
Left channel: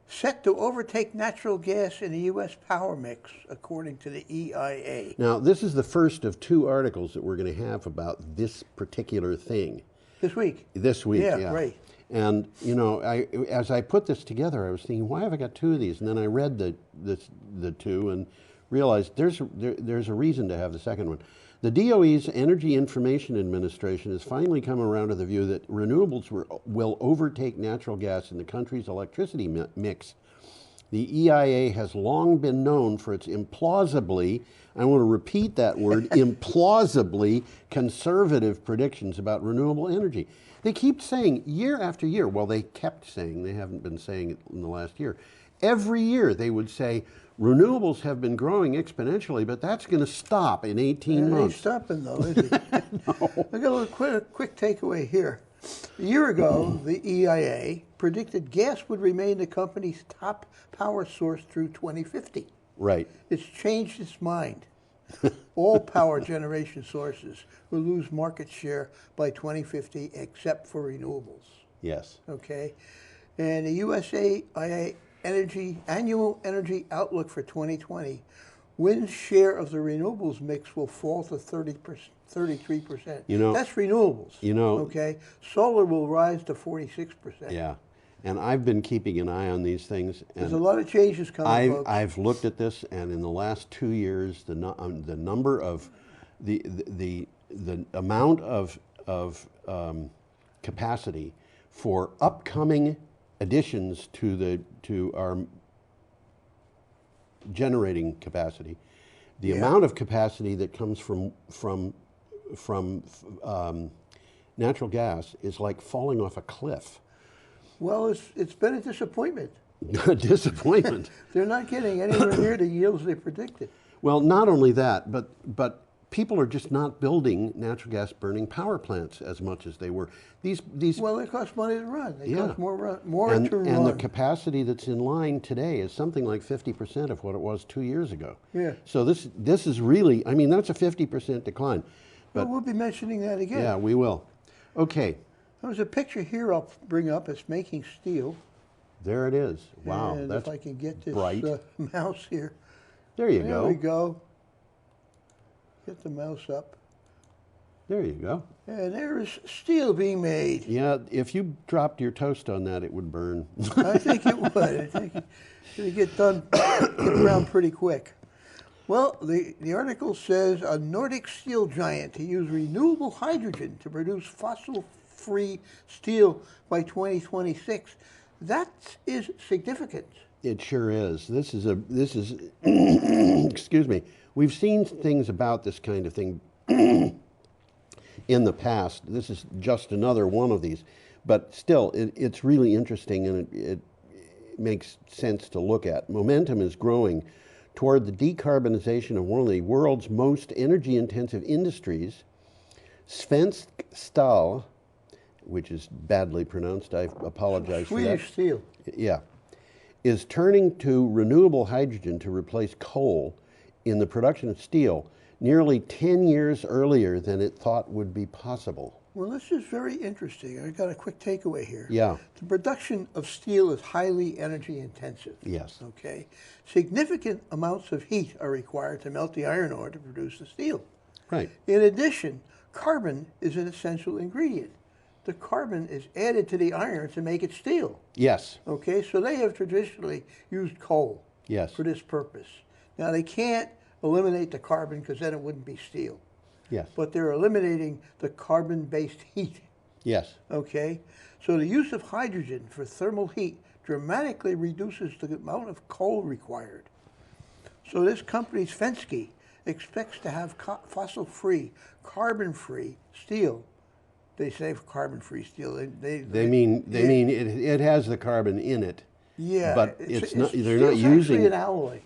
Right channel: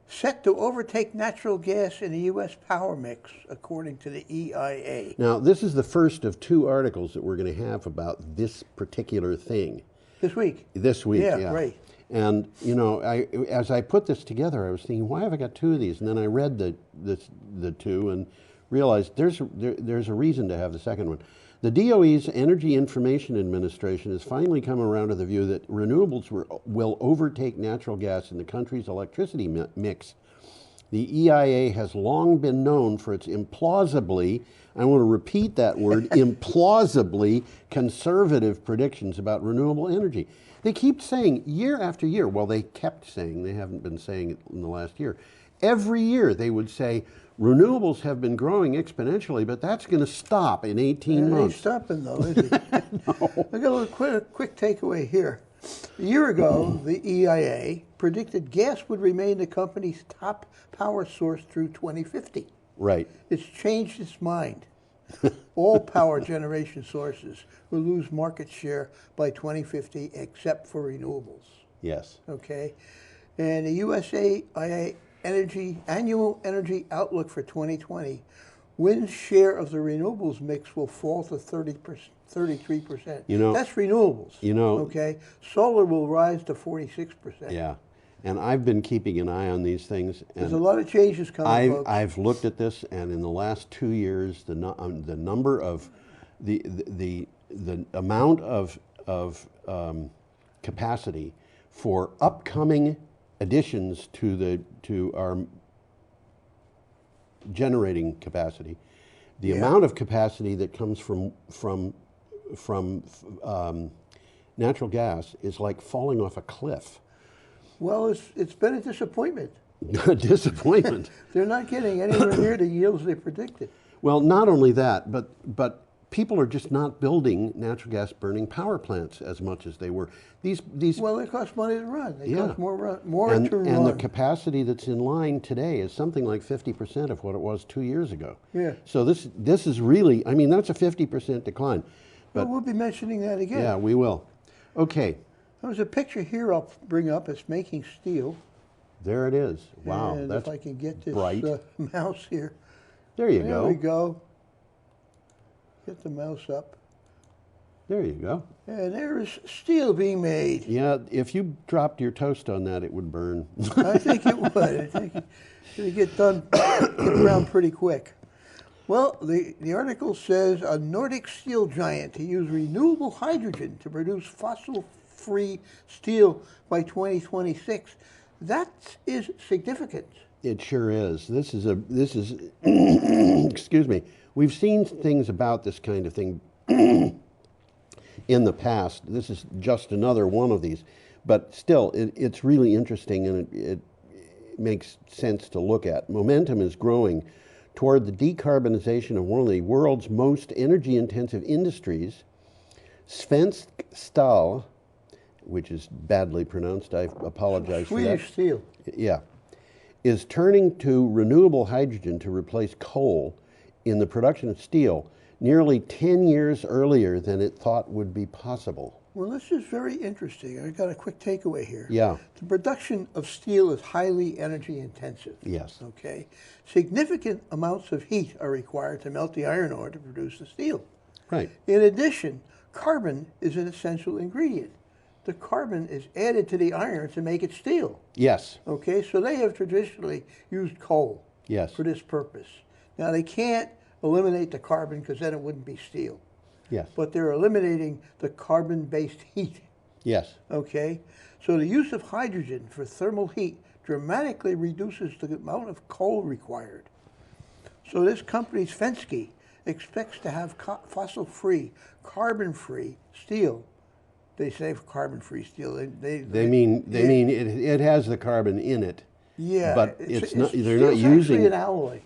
set to overtake natural gas in the U.S. power mix, according to the EIA. Now, this is the first of two articles that we're going to have about this particular thing. This week. This week, yeah. Yeah, right. And, you know, as I put this together, I was thinking, why have I got two of these? And then I read the two and realized there's a reason to have the second one. The DOE's Energy Information Administration has finally come around to the view that renewables will overtake natural gas in the country's electricity mix. The EIA has long been known for its implausibly, I want to repeat that word, implausibly conservative predictions about renewable energy. They keep saying year after year, well, they kept saying, they haven't been saying it in the last year. Every year they would say, renewables have been growing exponentially, but that's going to stop in 18 months. It ain't stopping though, is it? No. I got a little quick takeaway here. A year ago, the EIA predicted gas would remain the company's top power source through 2050. Right. It's changed its mind. All power generation sources will lose market share by 2050 except for renewables. Yes. Okay? And the USAIA annual energy outlook for 2020, wind's share of the renewables mix will fall to 33%. You know, that's renewables. You know, okay, solar will rise to 46%. Yeah, and I've been keeping an eye on these things. And there's a lot of changes coming, folks. I've looked at this, and in the last 2 years, the number of the amount of capacity for upcoming additions to our generating capacity, the amount of capacity that comes from natural gas is like falling off a cliff. Well, it's been a disappointment. A disappointment. They're not getting anywhere near the yields they predicted. Well, not only that, but people are just not building natural gas burning power plants as much as they were. These well, they cost money to run. They cost more to run. And the capacity that's in line today is something like 50% of what it was 2 years ago. Yeah. So this is really, I mean, that's a 50% decline. But well, we'll be mentioning that again. Yeah, we will. Okay. There's a picture here I'll bring up. It's making steel. There it is. Wow, and that's if I can get this bright. Mouse here. There you go. There we go. Get the mouse up. There you go. And there is steel being made. Yeah, if you dropped your toast on that, it would burn. I think it would. I think it would get around pretty quick. Well, the article says a Nordic steel giant to use renewable hydrogen to produce fossil-free steel by 2026. That is significant. It sure is. This is excuse me. We've seen things about this kind of thing in the past. This is just another one of these, but still, it's really interesting, and it makes sense to look at. Momentum is growing toward the decarbonization of one of the world's most energy-intensive industries. Svensk Stål, which is badly pronounced, I apologize for that. Swedish steel. Yeah, is turning to renewable hydrogen to replace coal in the production of steel nearly 10 years earlier than it thought would be possible. Well, this is very interesting. I got a quick takeaway here. Yeah. The production of steel is highly energy intensive. Yes. Okay. Significant amounts of heat are required to melt the iron ore to produce the steel. Right. In addition, carbon is an essential ingredient. The carbon is added to the iron to make it steel. Yes. Okay, so they have traditionally used coal. Yes. For this purpose. Now they can't eliminate the carbon because then it wouldn't be steel. Yes. But they're eliminating the carbon-based heat. Yes. Okay? So the use of hydrogen for thermal heat dramatically reduces the amount of coal required. So this company, Svensk, expects to have fossil-free, carbon-free steel. They say carbon-free steel. They mean it has the carbon in it. Yeah. But it's not. They're not steel's using actually an alloy.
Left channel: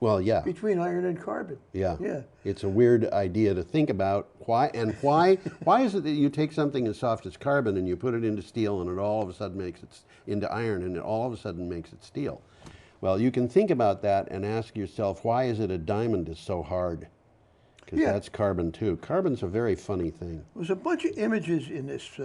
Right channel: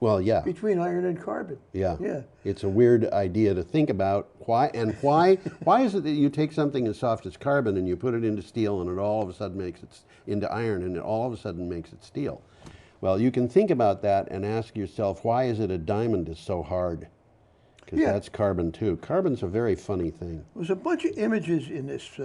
Well, yeah. Between iron and carbon. Yeah. Yeah. It's a weird idea to think about. Why is it that you take something as soft as carbon and you put it into steel and it all of a sudden makes it into iron and it all of a sudden makes it steel? Well, you can think about that and ask yourself, why is it a diamond is so hard? Because that's carbon too. Carbon's a very funny thing. There's a bunch of images in this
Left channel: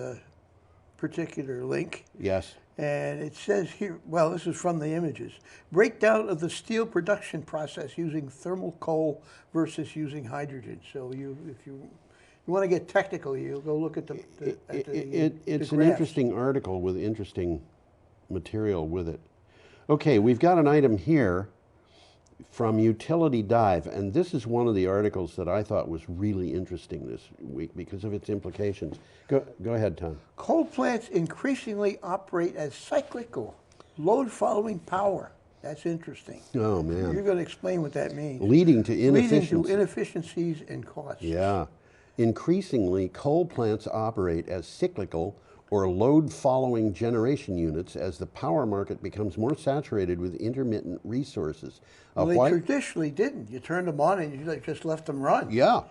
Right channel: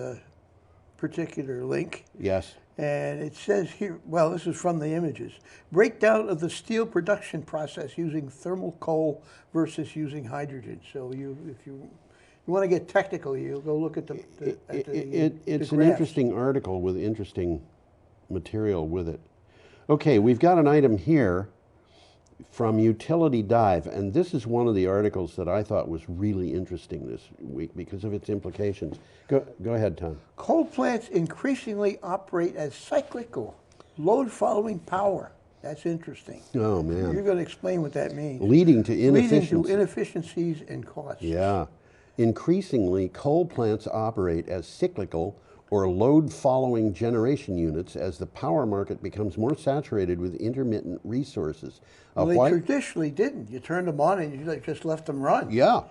particular link. Yes. And it says here, well, this is from the images. Breakdown of the steel production process using thermal coal versus using hydrogen. So if you want to get technical, you'll go look at It's the an interesting article with interesting material with it. Okay, we've got an item here from Utility Dive, and this is one of the articles that I thought was really interesting this week because of its implications. Go ahead, Tom. Coal plants increasingly operate as cyclical, load-following power. That's interesting. Oh, man. You're going to explain what that means. Leading to inefficiencies. Leading to inefficiencies and costs. Yeah. Increasingly, coal plants operate as cyclical or load-following generation units as the power market becomes more saturated with intermittent resources. Well, they traditionally didn't. You turned them on and you just left them run. Yeah.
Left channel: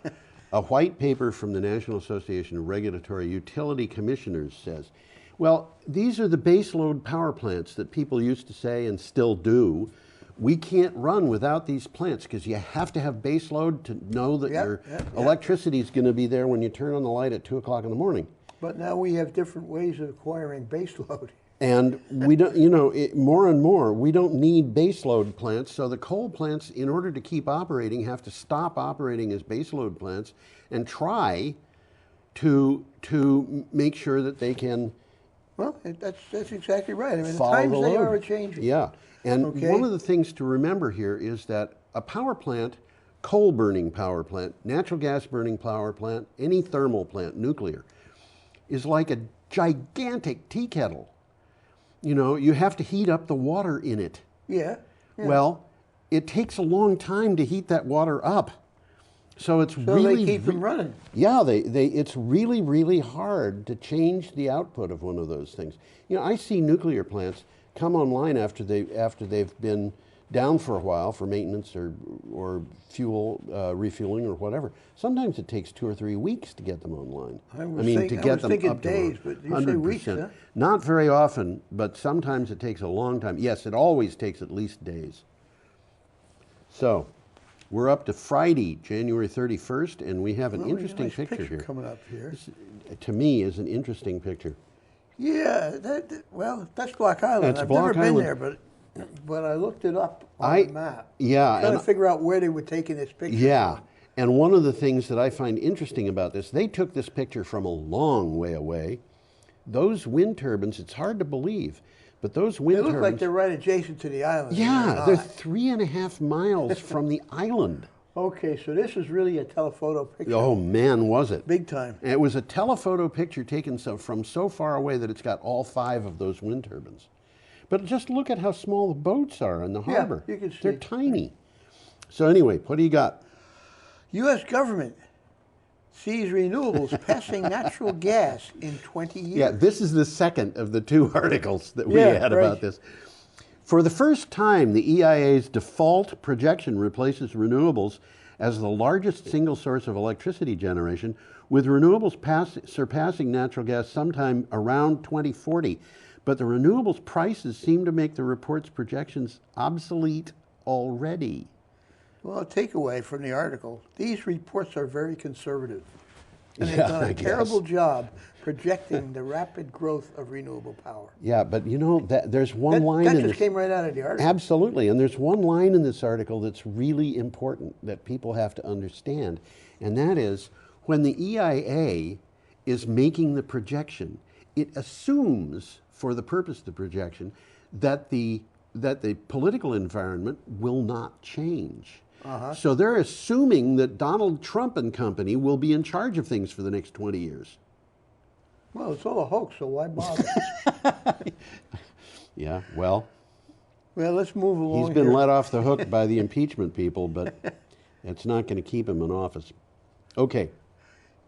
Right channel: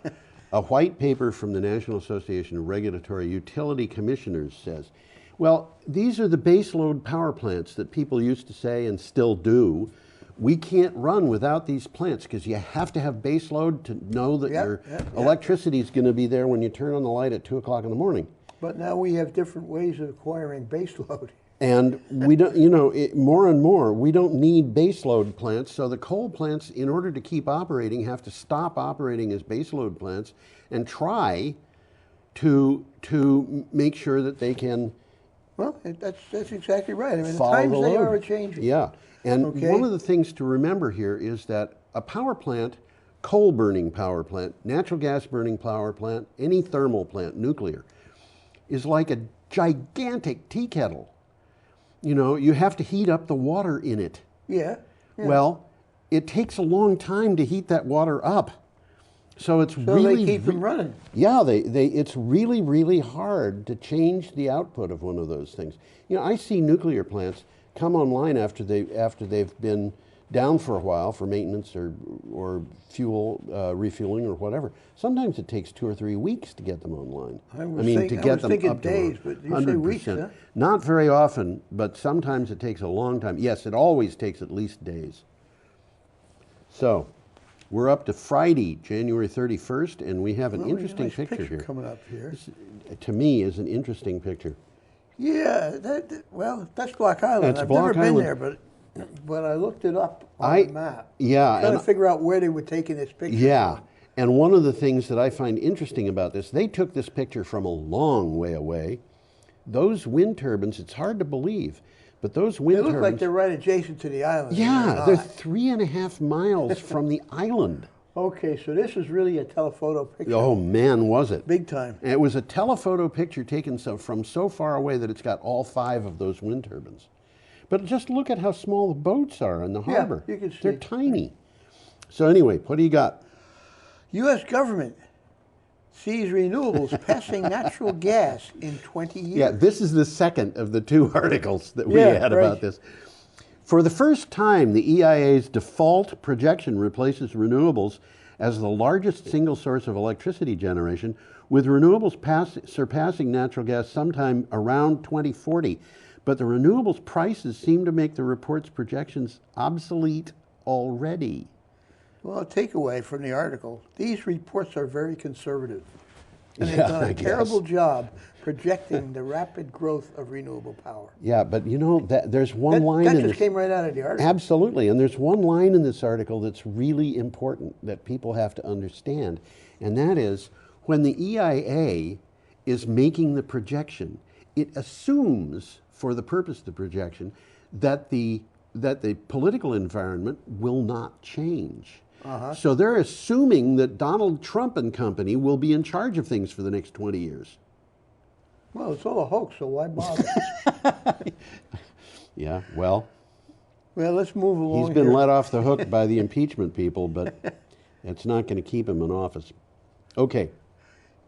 A white paper from the National Association of Regulatory Utility Commissioners says, well, these are the baseload power plants that people used to say and still do. We can't run without these plants because you have to have baseload to know that your electricity is going to be there when you turn on the light at 2 o'clock in the morning. But now we have different ways of acquiring baseload. And we don't, more and more, we don't need baseload plants. So the coal plants, in order to keep operating, have to stop operating as baseload plants and try to make sure that they can. Well, that's exactly right. I mean, the follow times the they load. are changing. Yeah, and one of the things to remember here is that a power plant, coal burning power plant, natural gas burning power plant, any thermal plant, nuclear, is like a gigantic tea kettle. You have to heat up the water in it. Yeah. Well, it takes a long time to heat that water up. So it's really... they keep them running. Yeah, it's really, really hard to change the output of one of those things. I see nuclear plants come online after they've been down for a while for maintenance or fuel refueling or whatever. Sometimes it takes 2 or 3 weeks to get them online. I was thinking days, but you say weeks, huh? Not very often, but sometimes it takes a long time. Yes, it always takes at least days. So, we're up to Friday, January 31st, and we have an interesting picture here. Coming up here. This, to me, is an interesting picture. Yeah, that's Block Island. I've never been there, but I looked it up on the map. Yeah. Trying to figure out where they were taking this picture. Yeah. And one of the things that I find interesting about this, they took this picture from a long way away. Those wind turbines, it's hard to believe, but those wind turbines... They look like they're right adjacent to the island. Yeah, they're 3.5 miles from the island. Okay, so this is really a telephoto picture. Oh man, was it. Big time. And it was a telephoto picture taken from so far away that it's got all 5 of those wind turbines. But just look at how small the boats are in the harbor. Yeah, you can see. They're tiny. So anyway, what do you got? U.S. government sees renewables passing natural gas in 20 years. Yeah, this is the second of the 2 articles that we had about this. For the first time, the EIA's default projection replaces renewables as the largest single source of electricity generation, with renewables surpassing natural gas sometime around 2040. But the renewables prices seem to make the report's projections obsolete already. Well, a takeaway from the article, these reports are very conservative. And they've done a terrible job projecting the rapid growth of renewable power. Yeah, but you know, there's one line in this. That just came right out of the article. Absolutely, and there's one line in this article that's really important that people have to understand, and that is when the EIA is making the projection, it assumes, for the purpose of the projection, that the political environment will not change. So they're assuming that Donald Trump and company will be in charge of things for the next 20 years. Well, it's all a hoax, so why bother? Yeah, well, let's move along. He's been let off the hook by the impeachment people, but it's not going to keep him in office. Okay.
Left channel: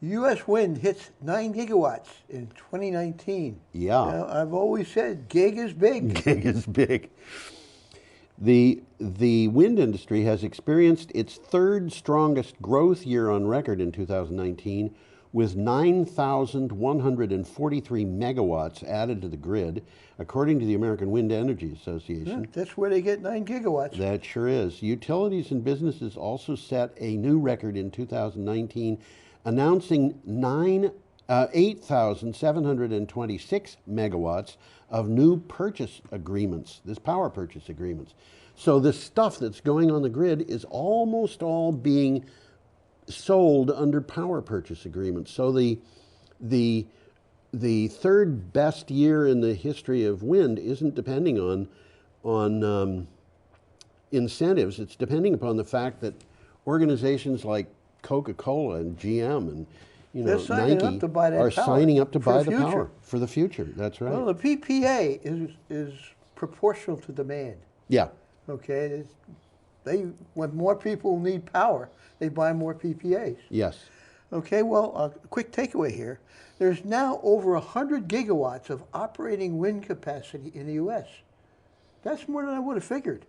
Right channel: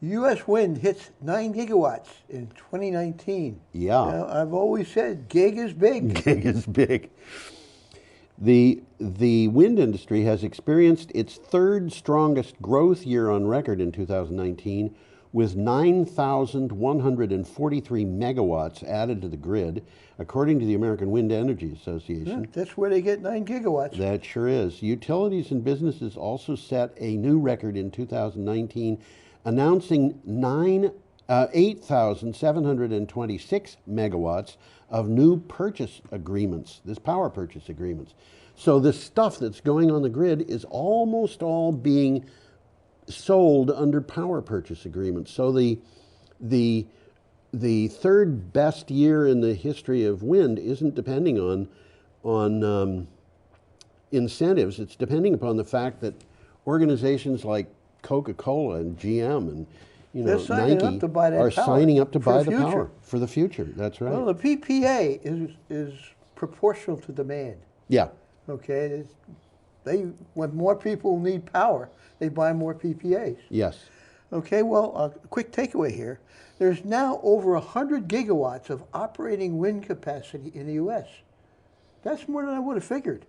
U.S. wind hits 9 gigawatts in 2019. Yeah. Now, I've always said gig is big. Gig is big. The wind industry has experienced its 3rd strongest growth year on record in 2019, with 9,143 megawatts added to the grid, according to the American Wind Energy Association. Yeah, that's where they get 9 gigawatts. That sure is. Utilities and businesses also set a new record in 2019, announcing 8,726 megawatts of new purchase agreements, power purchase agreements. So this stuff that's going on the grid is almost all being sold under power purchase agreements. So the 3rd best year in the history of wind isn't depending on incentives. It's depending upon the fact that organizations like Coca-Cola and GM and Nike are signing up to buy the power for the future. That's right. Well, the PPA is proportional to demand. Yeah. Okay. When more people need power, they buy more PPAs. Yes. Okay. Well, a quick takeaway here: there's now over 100 gigawatts of operating wind capacity in the U.S. That's more than I would have figured.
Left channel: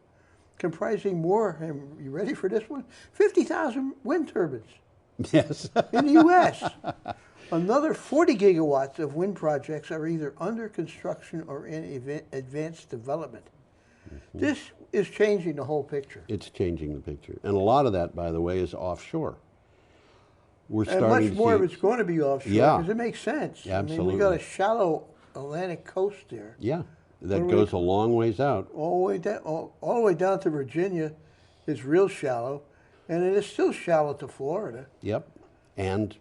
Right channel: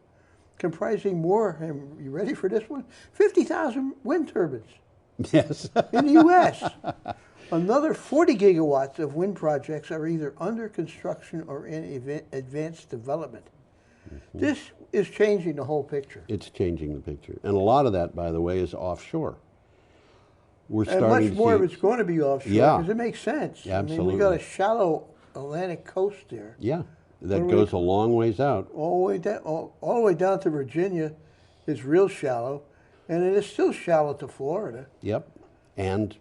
Comprising more. And you ready for this one? 50,000 wind turbines. Yes. In the U.S. Another 40 gigawatts of wind projects are either under construction or in advanced development. This is changing the whole picture. It's changing the picture. And a lot of that, by the way, is offshore. We're starting and much more of it's going to be offshore because it makes sense. Absolutely. I mean, we got a shallow Atlantic coast there. Yeah, that goes a long ways out. All the way down to Virginia is real shallow. And it is still shallow to Florida. Yep. And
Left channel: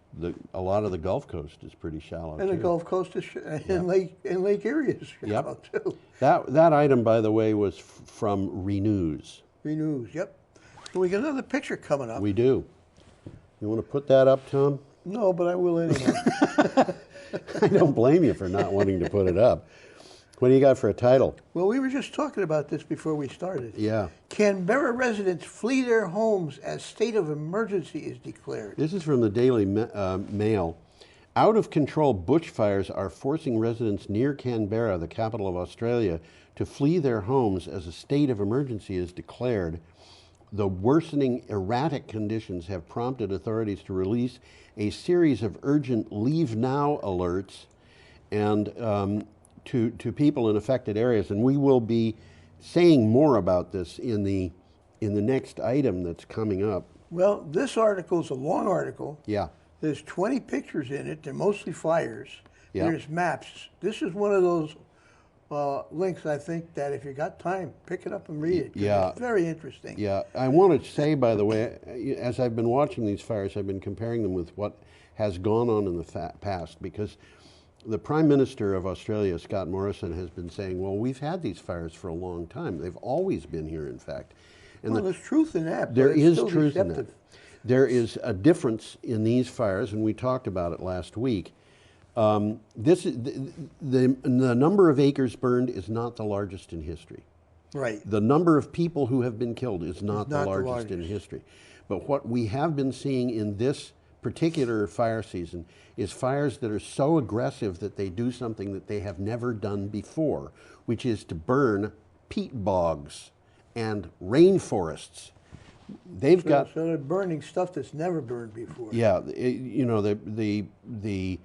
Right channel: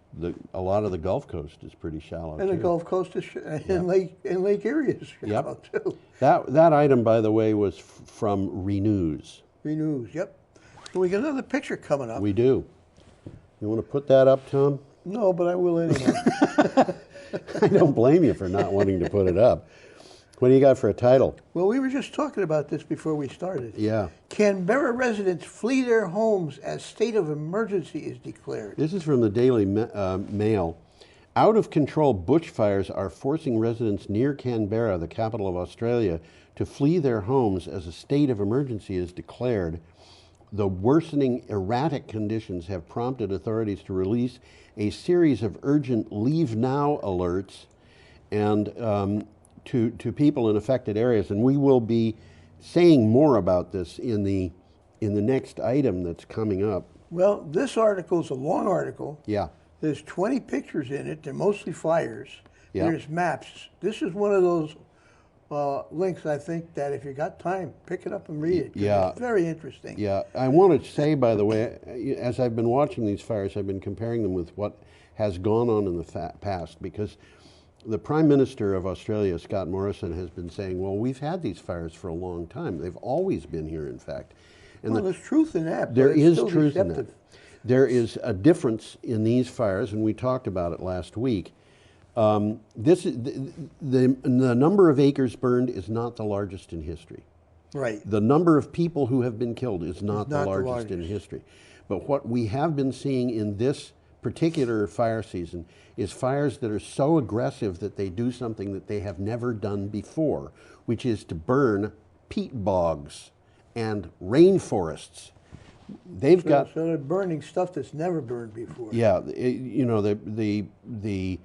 a lot of the Gulf Coast is pretty shallow, and too. the Gulf Coast is and Lake Erie is shallow, too. That item, by the way, was from Renews. Renews, yep. So we got another picture coming up. We do. You want to put that up, Tom? No, but I will anyway. I don't blame you for not wanting to put it up. What do you got for a title? Well, we were just talking about this before we started. Yeah. Canberra residents flee their homes as state of emergency is declared. This is from the Daily Mail. Out-of-control bushfires are forcing residents near Canberra, the capital of Australia, to flee their homes as a state of emergency is declared. The worsening erratic conditions have prompted authorities to release a series of urgent leave now alerts and to people in affected areas, and we will be saying more about this in the next item that's coming up. Well, this article is a long article. Yeah. There's 20 pictures in it. They're mostly fires. Yeah. There's maps. This is one of those links. I think that if you got time, pick it up and read it. 'Cause Yeah. It's very interesting. Yeah, I want to say, by the way, as I've been watching these fires, I've been comparing them with what has gone on in the past, because the Prime Minister of Australia, Scott Morrison, has been saying, well, we've had these fires for a long time. They've always been here, in fact. And Well, there's truth in that, but there it's is still truth in that. deceptive. There is a difference in these fires, and we talked about it last week. This is the number of acres burned is not the largest in history. Right. The number of people who have been killed is not the largest in history. But what we have been seeing in this particular fire season is fires that are so aggressive that they do something that they have never done before, which is to burn peat bogs and rainforests. They've got So they're burning stuff that's never burned before. yeah, you know, the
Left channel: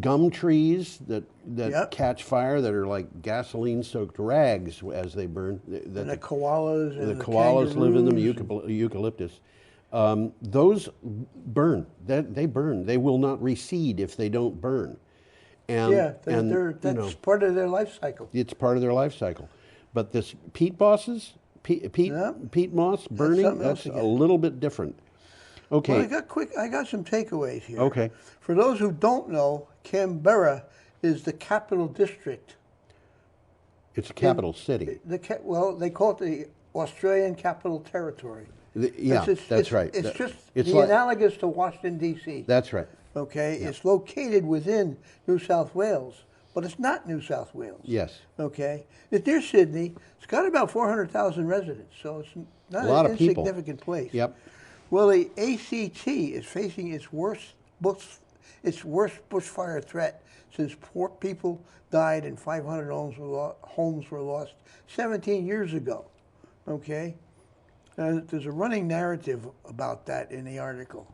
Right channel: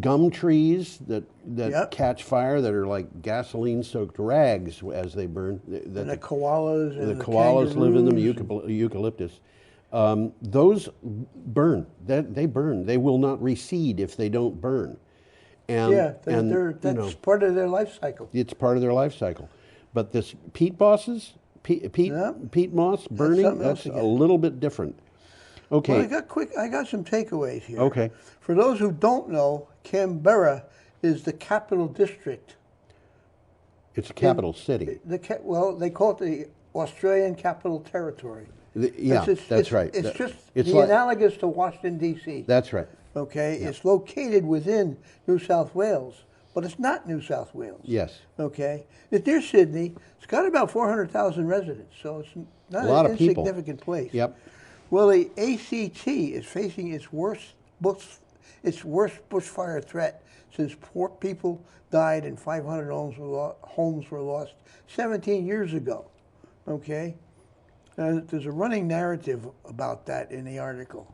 gum trees that catch fire that are like gasoline-soaked rags as they burn. And the koalas and the koalas live in them. kangaroos Eucalyptus. Those burn. They burn. They will not recede if they don't burn. And, yeah, and, that's part of their life cycle. It's part of their life cycle. But this peat moss burning, that's a little bit different. Okay. Well, I got some takeaways here. Okay. For those who don't know, Canberra is the capital district. It's a capital city. Well, they call it the Australian Capital Territory. That's right. It's just it's the analogous to Washington, D.C. That's right. Okay, Yeah. it's located within New South Wales, but it's not New South Wales. Yes. Okay, it's near Sydney. It's got about 400,000 residents, so it's not A lot an of people. insignificant place. Yep. Well, the ACT is facing its worst bushfire threat since 4 people died and 500 homes were lost 17 years ago. Okay, there's a running narrative about that in the article.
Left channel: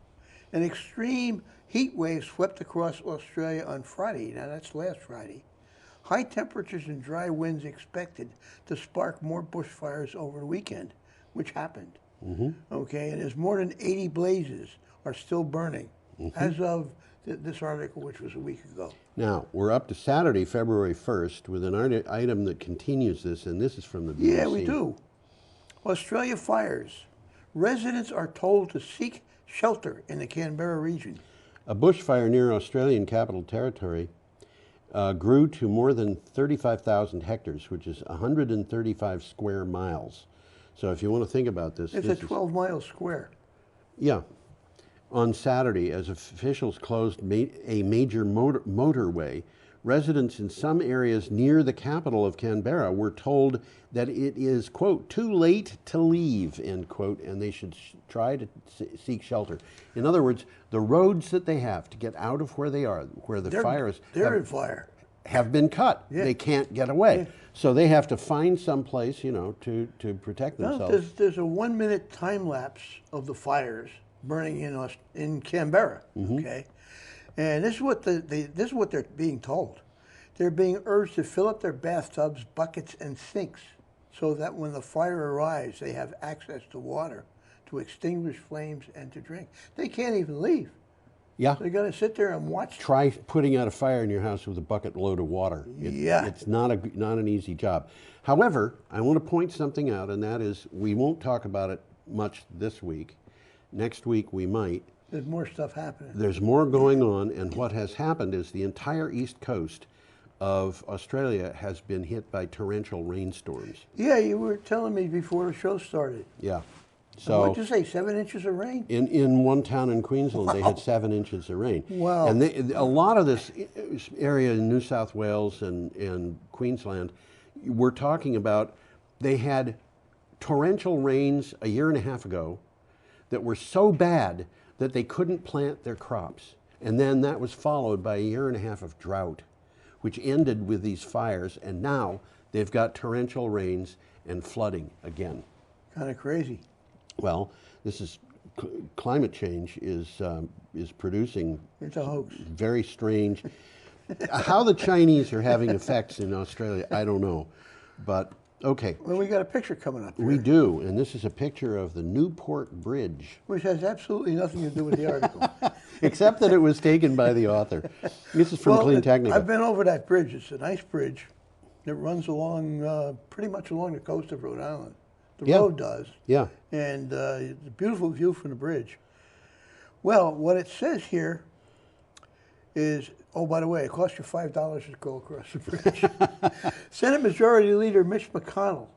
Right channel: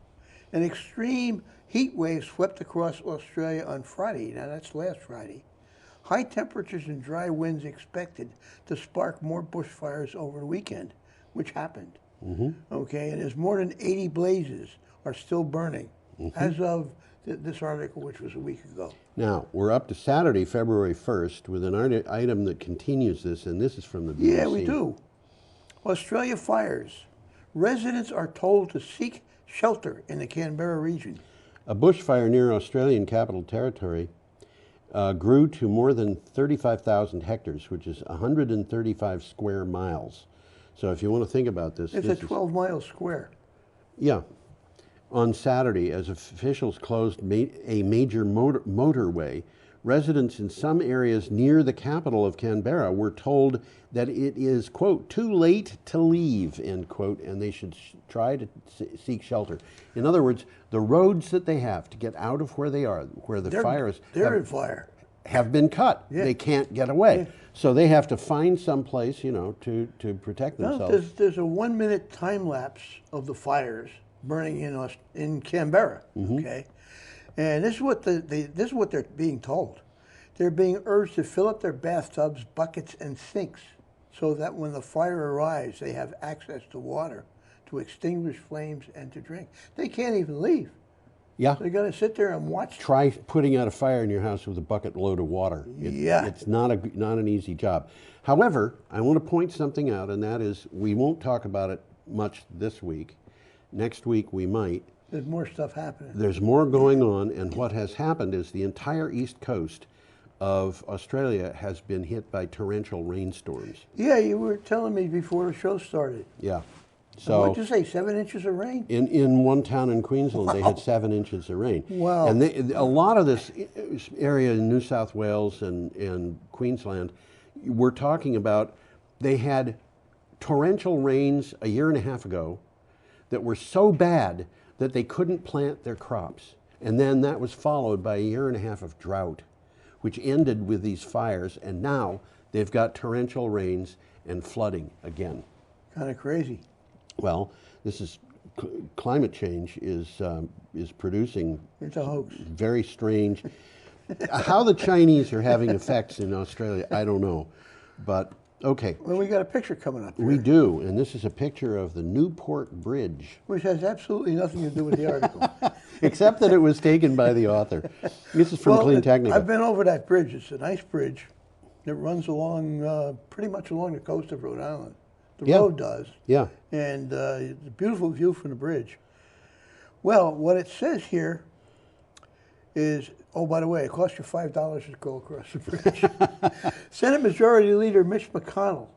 An extreme heat wave swept across Australia on Friday. Now that's last Friday. High temperatures and dry winds expected to spark more bushfires over the weekend, which happened. Okay, and there's more than 80 blazes are still burning as of this article, which was a week ago. Now, we're up to Saturday, February 1st, with an item that continues this, and this is from the BBC. Yeah, we do. Australia fires. Residents are told to seek shelter in the Canberra region. A bushfire near Australian Capital Territory grew to more than 35,000 hectares, which is 135 square miles. So if you want to think about this... It's a 12-mile square. Yeah. On Saturday, as officials closed a major motorway, residents in some areas near the capital of Canberra were told that it is, quote, too late to leave, end quote, and they should try to seek shelter. In other words, the roads that they have to get out of where they are, where the fires have been cut. Yeah. They can't get away. So they have to find some place, you know, to protect themselves. There's a 1-minute time lapse of the fires burning in Canberra. Okay, and this is what this is what they're being told. They're being urged to fill up their bathtubs, buckets, and sinks, so that when the fire arrives, they have access to water to extinguish flames and to drink. They can't even leave. Yeah. They're going to sit there and watch. Try putting out a fire in your house with a bucket load of water. It's not an easy job. However, I want to point something out, and that is we won't talk about it much this week. Next week we might. There's more stuff happening. There's more going on, and what has happened is the entire east coast of Australia has been hit by torrential rainstorms. Yeah, you were telling me before the show started. Yeah. So what'd you say, 7 inches of rain? In one town in Queensland, they had 7 inches of rain. Wow. And a lot of this area in New South Wales and Queensland, we're talking about, they had torrential rains a year and a half ago that were so bad that they couldn't plant their crops. And then that was followed by a year and a half of drought, which ended with these fires. And now they've got torrential rains and flooding again. Kind of crazy. Well, this is climate change is producing it's a hoax. Very strange. How the Chinese are having effects in Australia, I don't know, but Okay. Well, we got a picture coming up here. We do, and this is a picture of the Newport Bridge. Which has absolutely nothing to do with the article. Except that it was taken by the author. This is from Clean Technica. I've been over that bridge. It's a nice bridge. It runs along, pretty much along the coast of Rhode Island. The road does. Yeah. And it's a beautiful view from the bridge. Well, what it says here is, oh, by the way, it costs you $5 to go across the bridge. Senate Majority Leader Mitch McConnell,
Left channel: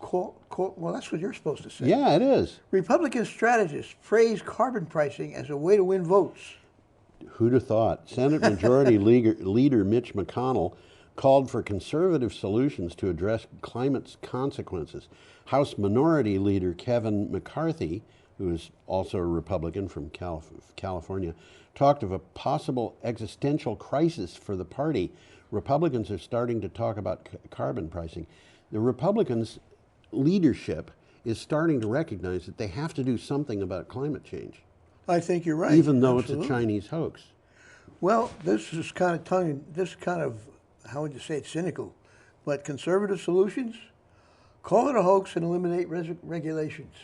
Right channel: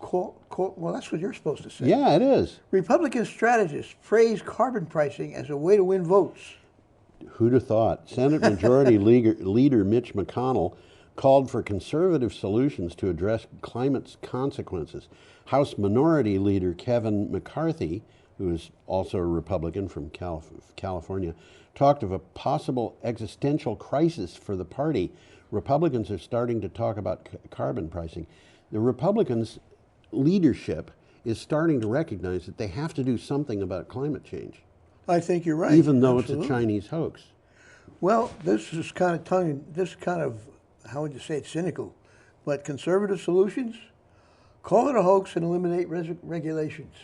well, that's what you're supposed to say. Yeah, it is. Republican strategists praise carbon pricing as a way to win votes. Who'd have thought? Senate Majority Leader Mitch McConnell called for conservative solutions to address climate's consequences. House Minority Leader Kevin McCarthy, who is also a Republican from California, talked of a possible existential crisis for the party. Republicans are starting to talk about carbon pricing. The Republicans' leadership is starting to recognize that they have to do something about climate change. I think you're right. Even though Absolutely. it's a Chinese hoax. Well, this is kind of, how would you say it, cynical. But conservative solutions, call it a hoax and eliminate regulations.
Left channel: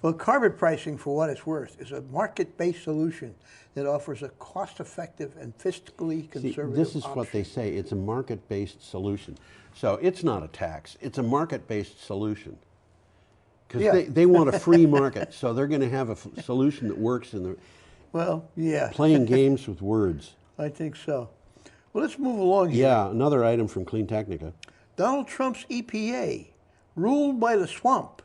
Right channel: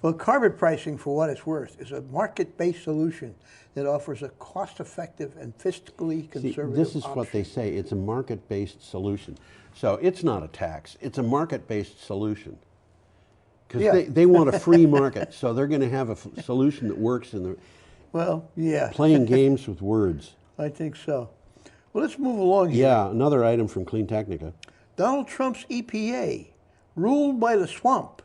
Well, carbon pricing, for what it's worth, is a market-based solution that offers a cost-effective and fiscally conservative This is option. what they say. It's a market-based solution. So it's not a tax. It's a market-based solution. Because they want a free market, so they're going to have a solution that works in the... Well, yeah. Playing games with words. I think so. Well, let's move along here. Yeah, another item from Clean Technica. Donald Trump's EPA, ruled by the swamp,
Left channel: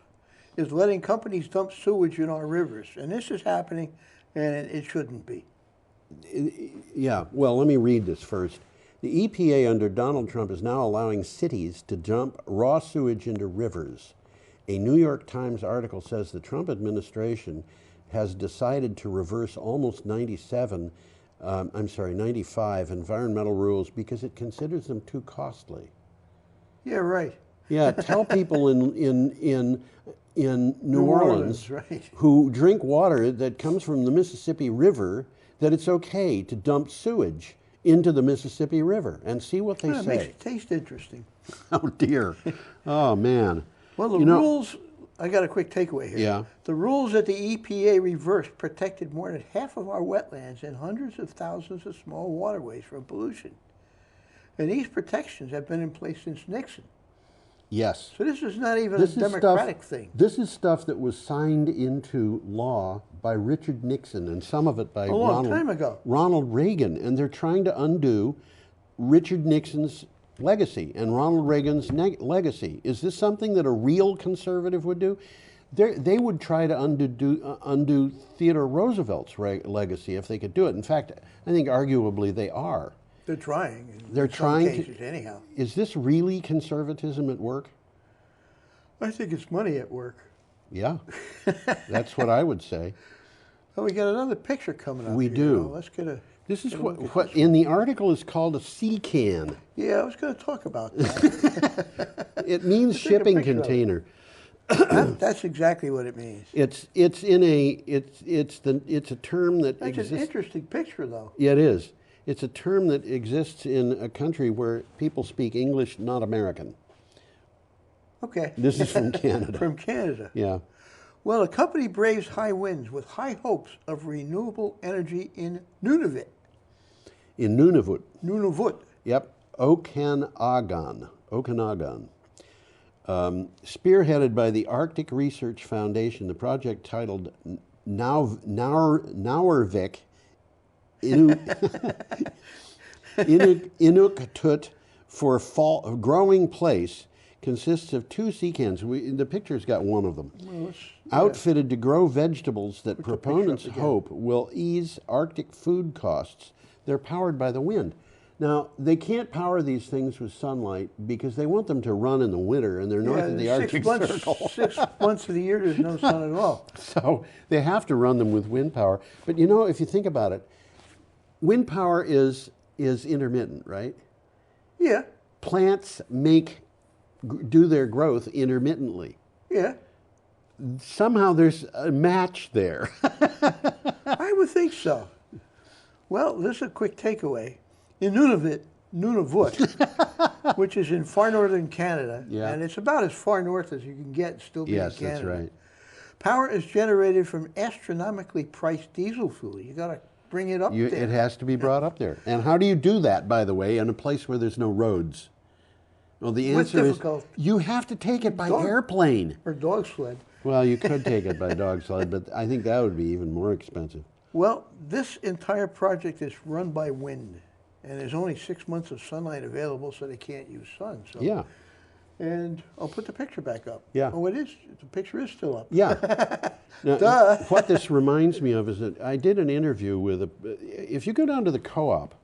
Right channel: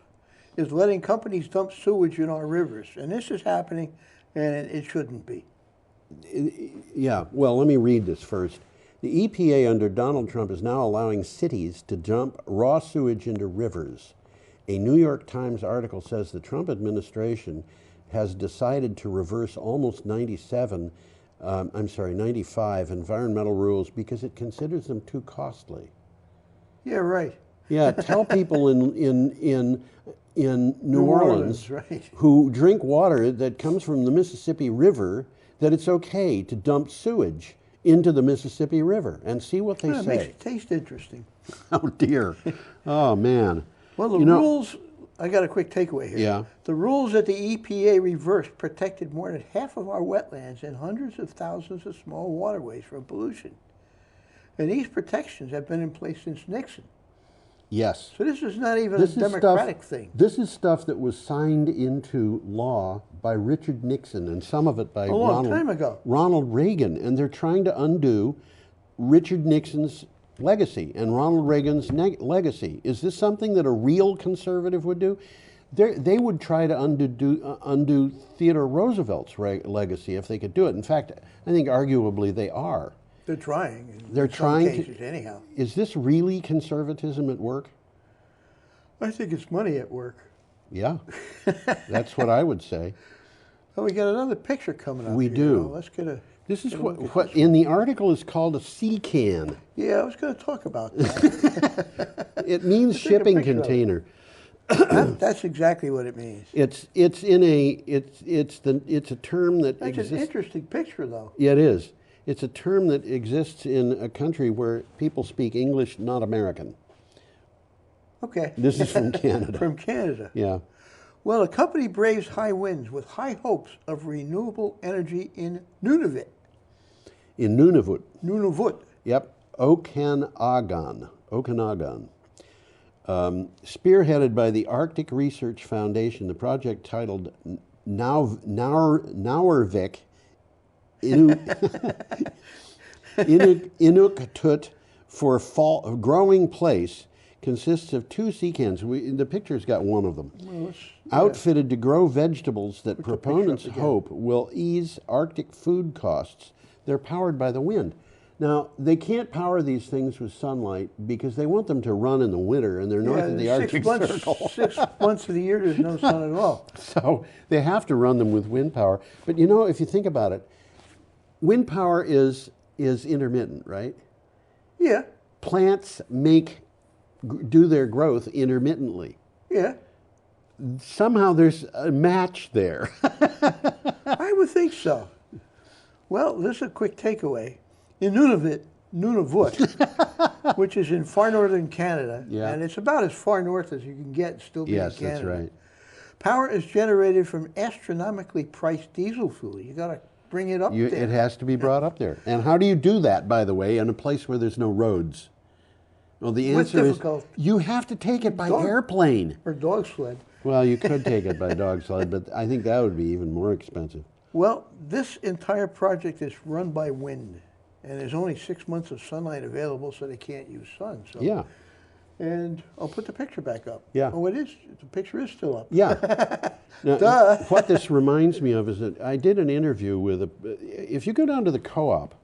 is letting companies dump sewage in our rivers. And this is happening, and it shouldn't be. Yeah, well, let me read this first. The EPA under Donald Trump is now allowing cities to dump raw sewage into rivers. A New York Times article says the Trump administration has decided to reverse almost 95 environmental rules because it considers them too costly. Yeah, right. Yeah, tell people in New Orleans right. who drink water that comes from the Mississippi River that it's okay to dump sewage into the Mississippi River and see what they say. It makes it taste interesting. Oh, dear. Oh, man. Well, the rules, I got a quick takeaway here. Yeah. The rules that the EPA reversed protected more than half of our wetlands and hundreds of thousands of small waterways from pollution. And these protections have been in place since Nixon. Yes. So this is not even a democratic thing. This is stuff that was signed into law by Richard Nixon and some of it by A long time ago. Ronald Reagan. And they're trying to undo Richard Nixon's legacy and Ronald Reagan's legacy. Is this something that a real conservative would do? They would try to undo Theodore Roosevelt's legacy if they could do it. In fact, I think arguably they are. They're trying. They're trying cases, anyhow. Is this really conservatism at work? I think it's money at work. Yeah, that's what I would say. Well, we got another picture coming up. We here. do. Let's get a. This is what in the article is called a sea can. Yeah, I was going to talk about that. It means shipping container. That's exactly what it means. It's a term that That's exists. an interesting picture, though. Yeah, it is. It's a term that exists in a country where people speak English, not American. Okay. This is from Canada. From Canada. Yeah. Well, a company braves high winds with high hopes of renewable energy in Nunavut. In Nunavut. Nunavut. Yep. Okanagan. Spearheaded by the Arctic Research Foundation, the project titled Naurvik Inuktitut for fall growing place consists of 2 sea cans. The picture's got one of them. Well, outfitted to grow vegetables that proponents hope will ease Arctic food costs. They're powered by the wind. Now, they can't power these things with sunlight because they want them to run in the winter, and they're north of the Arctic Circle. 6 months of the year, there's no sun at all. So they have to run them with wind power. But you know, if you think about it, wind power is intermittent, right? Yeah. Plants do their growth intermittently. Yeah. Somehow there's a match there. I would think so. Well, this is a quick takeaway. In Nunavut, Nunavut, which is in far northern Canada. Yeah. And it's about as far north as you can get and still be in Yes, Canada. that's right. Power is generated from astronomically priced diesel fuel. You got to bring it up there. It has to be brought up there. And how do you do that, by the way, in a place where there's no roads? Well, the With answer is difficult- you have to take it by airplane. Or dog sled. Well, you could take it by dog sled, but I think that would be even more expensive. Well, this entire project is run by wind, and there's only 6 months of sunlight available, so they can't use sun. So. Yeah. And I'll put the picture back up. Yeah. Oh, it is. The picture is still up. Yeah. Now, Duh. what this reminds me of is that I did an interview with if you go down to the co-op,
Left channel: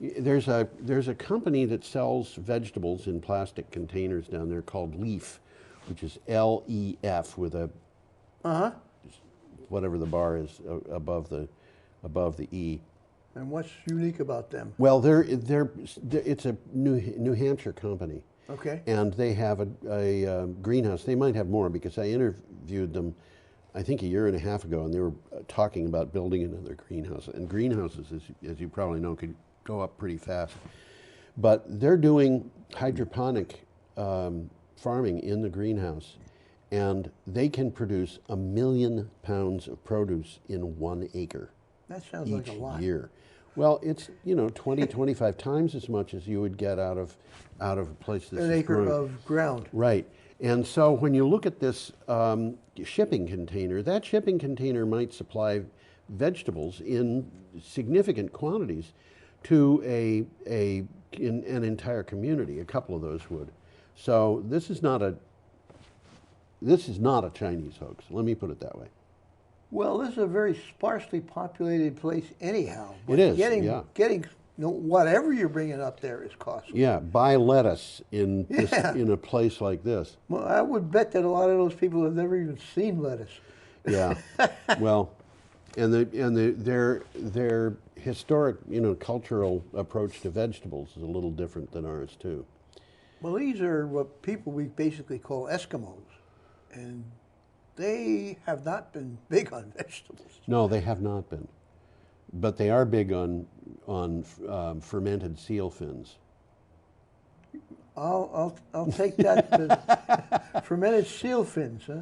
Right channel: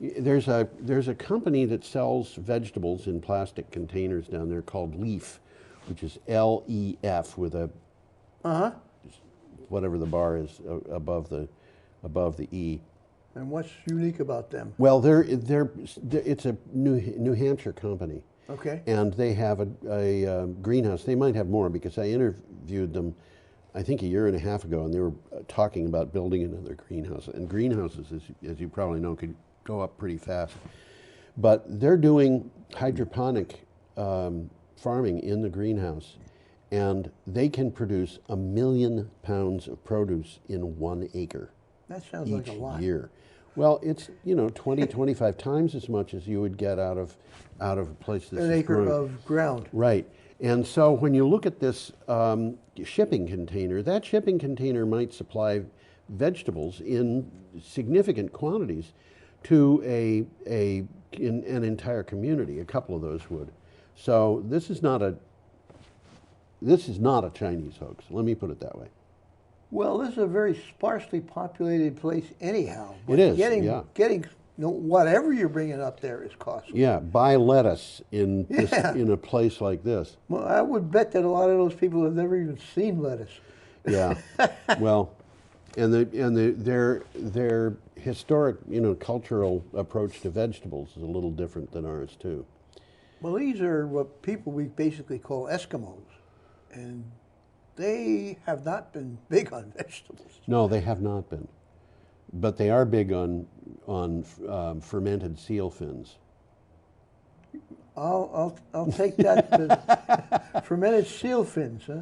there's a company that sells vegetables in plastic containers down there called Leaf, which is L-E-F with a whatever the bar is above the E. And what's unique about them? Well, it's a New Hampshire company. Okay. And they have a greenhouse. They might have more because I interviewed them, I think a year and a half ago, and they were talking about building another greenhouse. And greenhouses, as you probably know, could go up pretty fast. But they're doing hydroponic farming in the greenhouse, and they can produce 1 million pounds of produce in 1 acre. That sounds like a lot. Each year. Well, it's 20, 25 times as much as you would get out of a place that's An acre of ground. Right. And so when you look at this shipping container, that shipping container might supply vegetables in significant quantities to an entire community. A couple of those would. So this is not a Chinese hoax. Let me put it that way. Well, this is a very sparsely populated place anyhow. It is, Getting whatever you're bringing up there is costly. Yeah, buy lettuce in a place like this. Well, I would bet that a lot of those people have never even seen lettuce. Yeah, well, and their historic, cultural approach to vegetables is a little different than ours too. Well, these are what people we basically call Eskimos, and they have not been big on vegetables. No, they have not been, but they are big on fermented seal fins. I'll take that. Fermented seal fins, huh?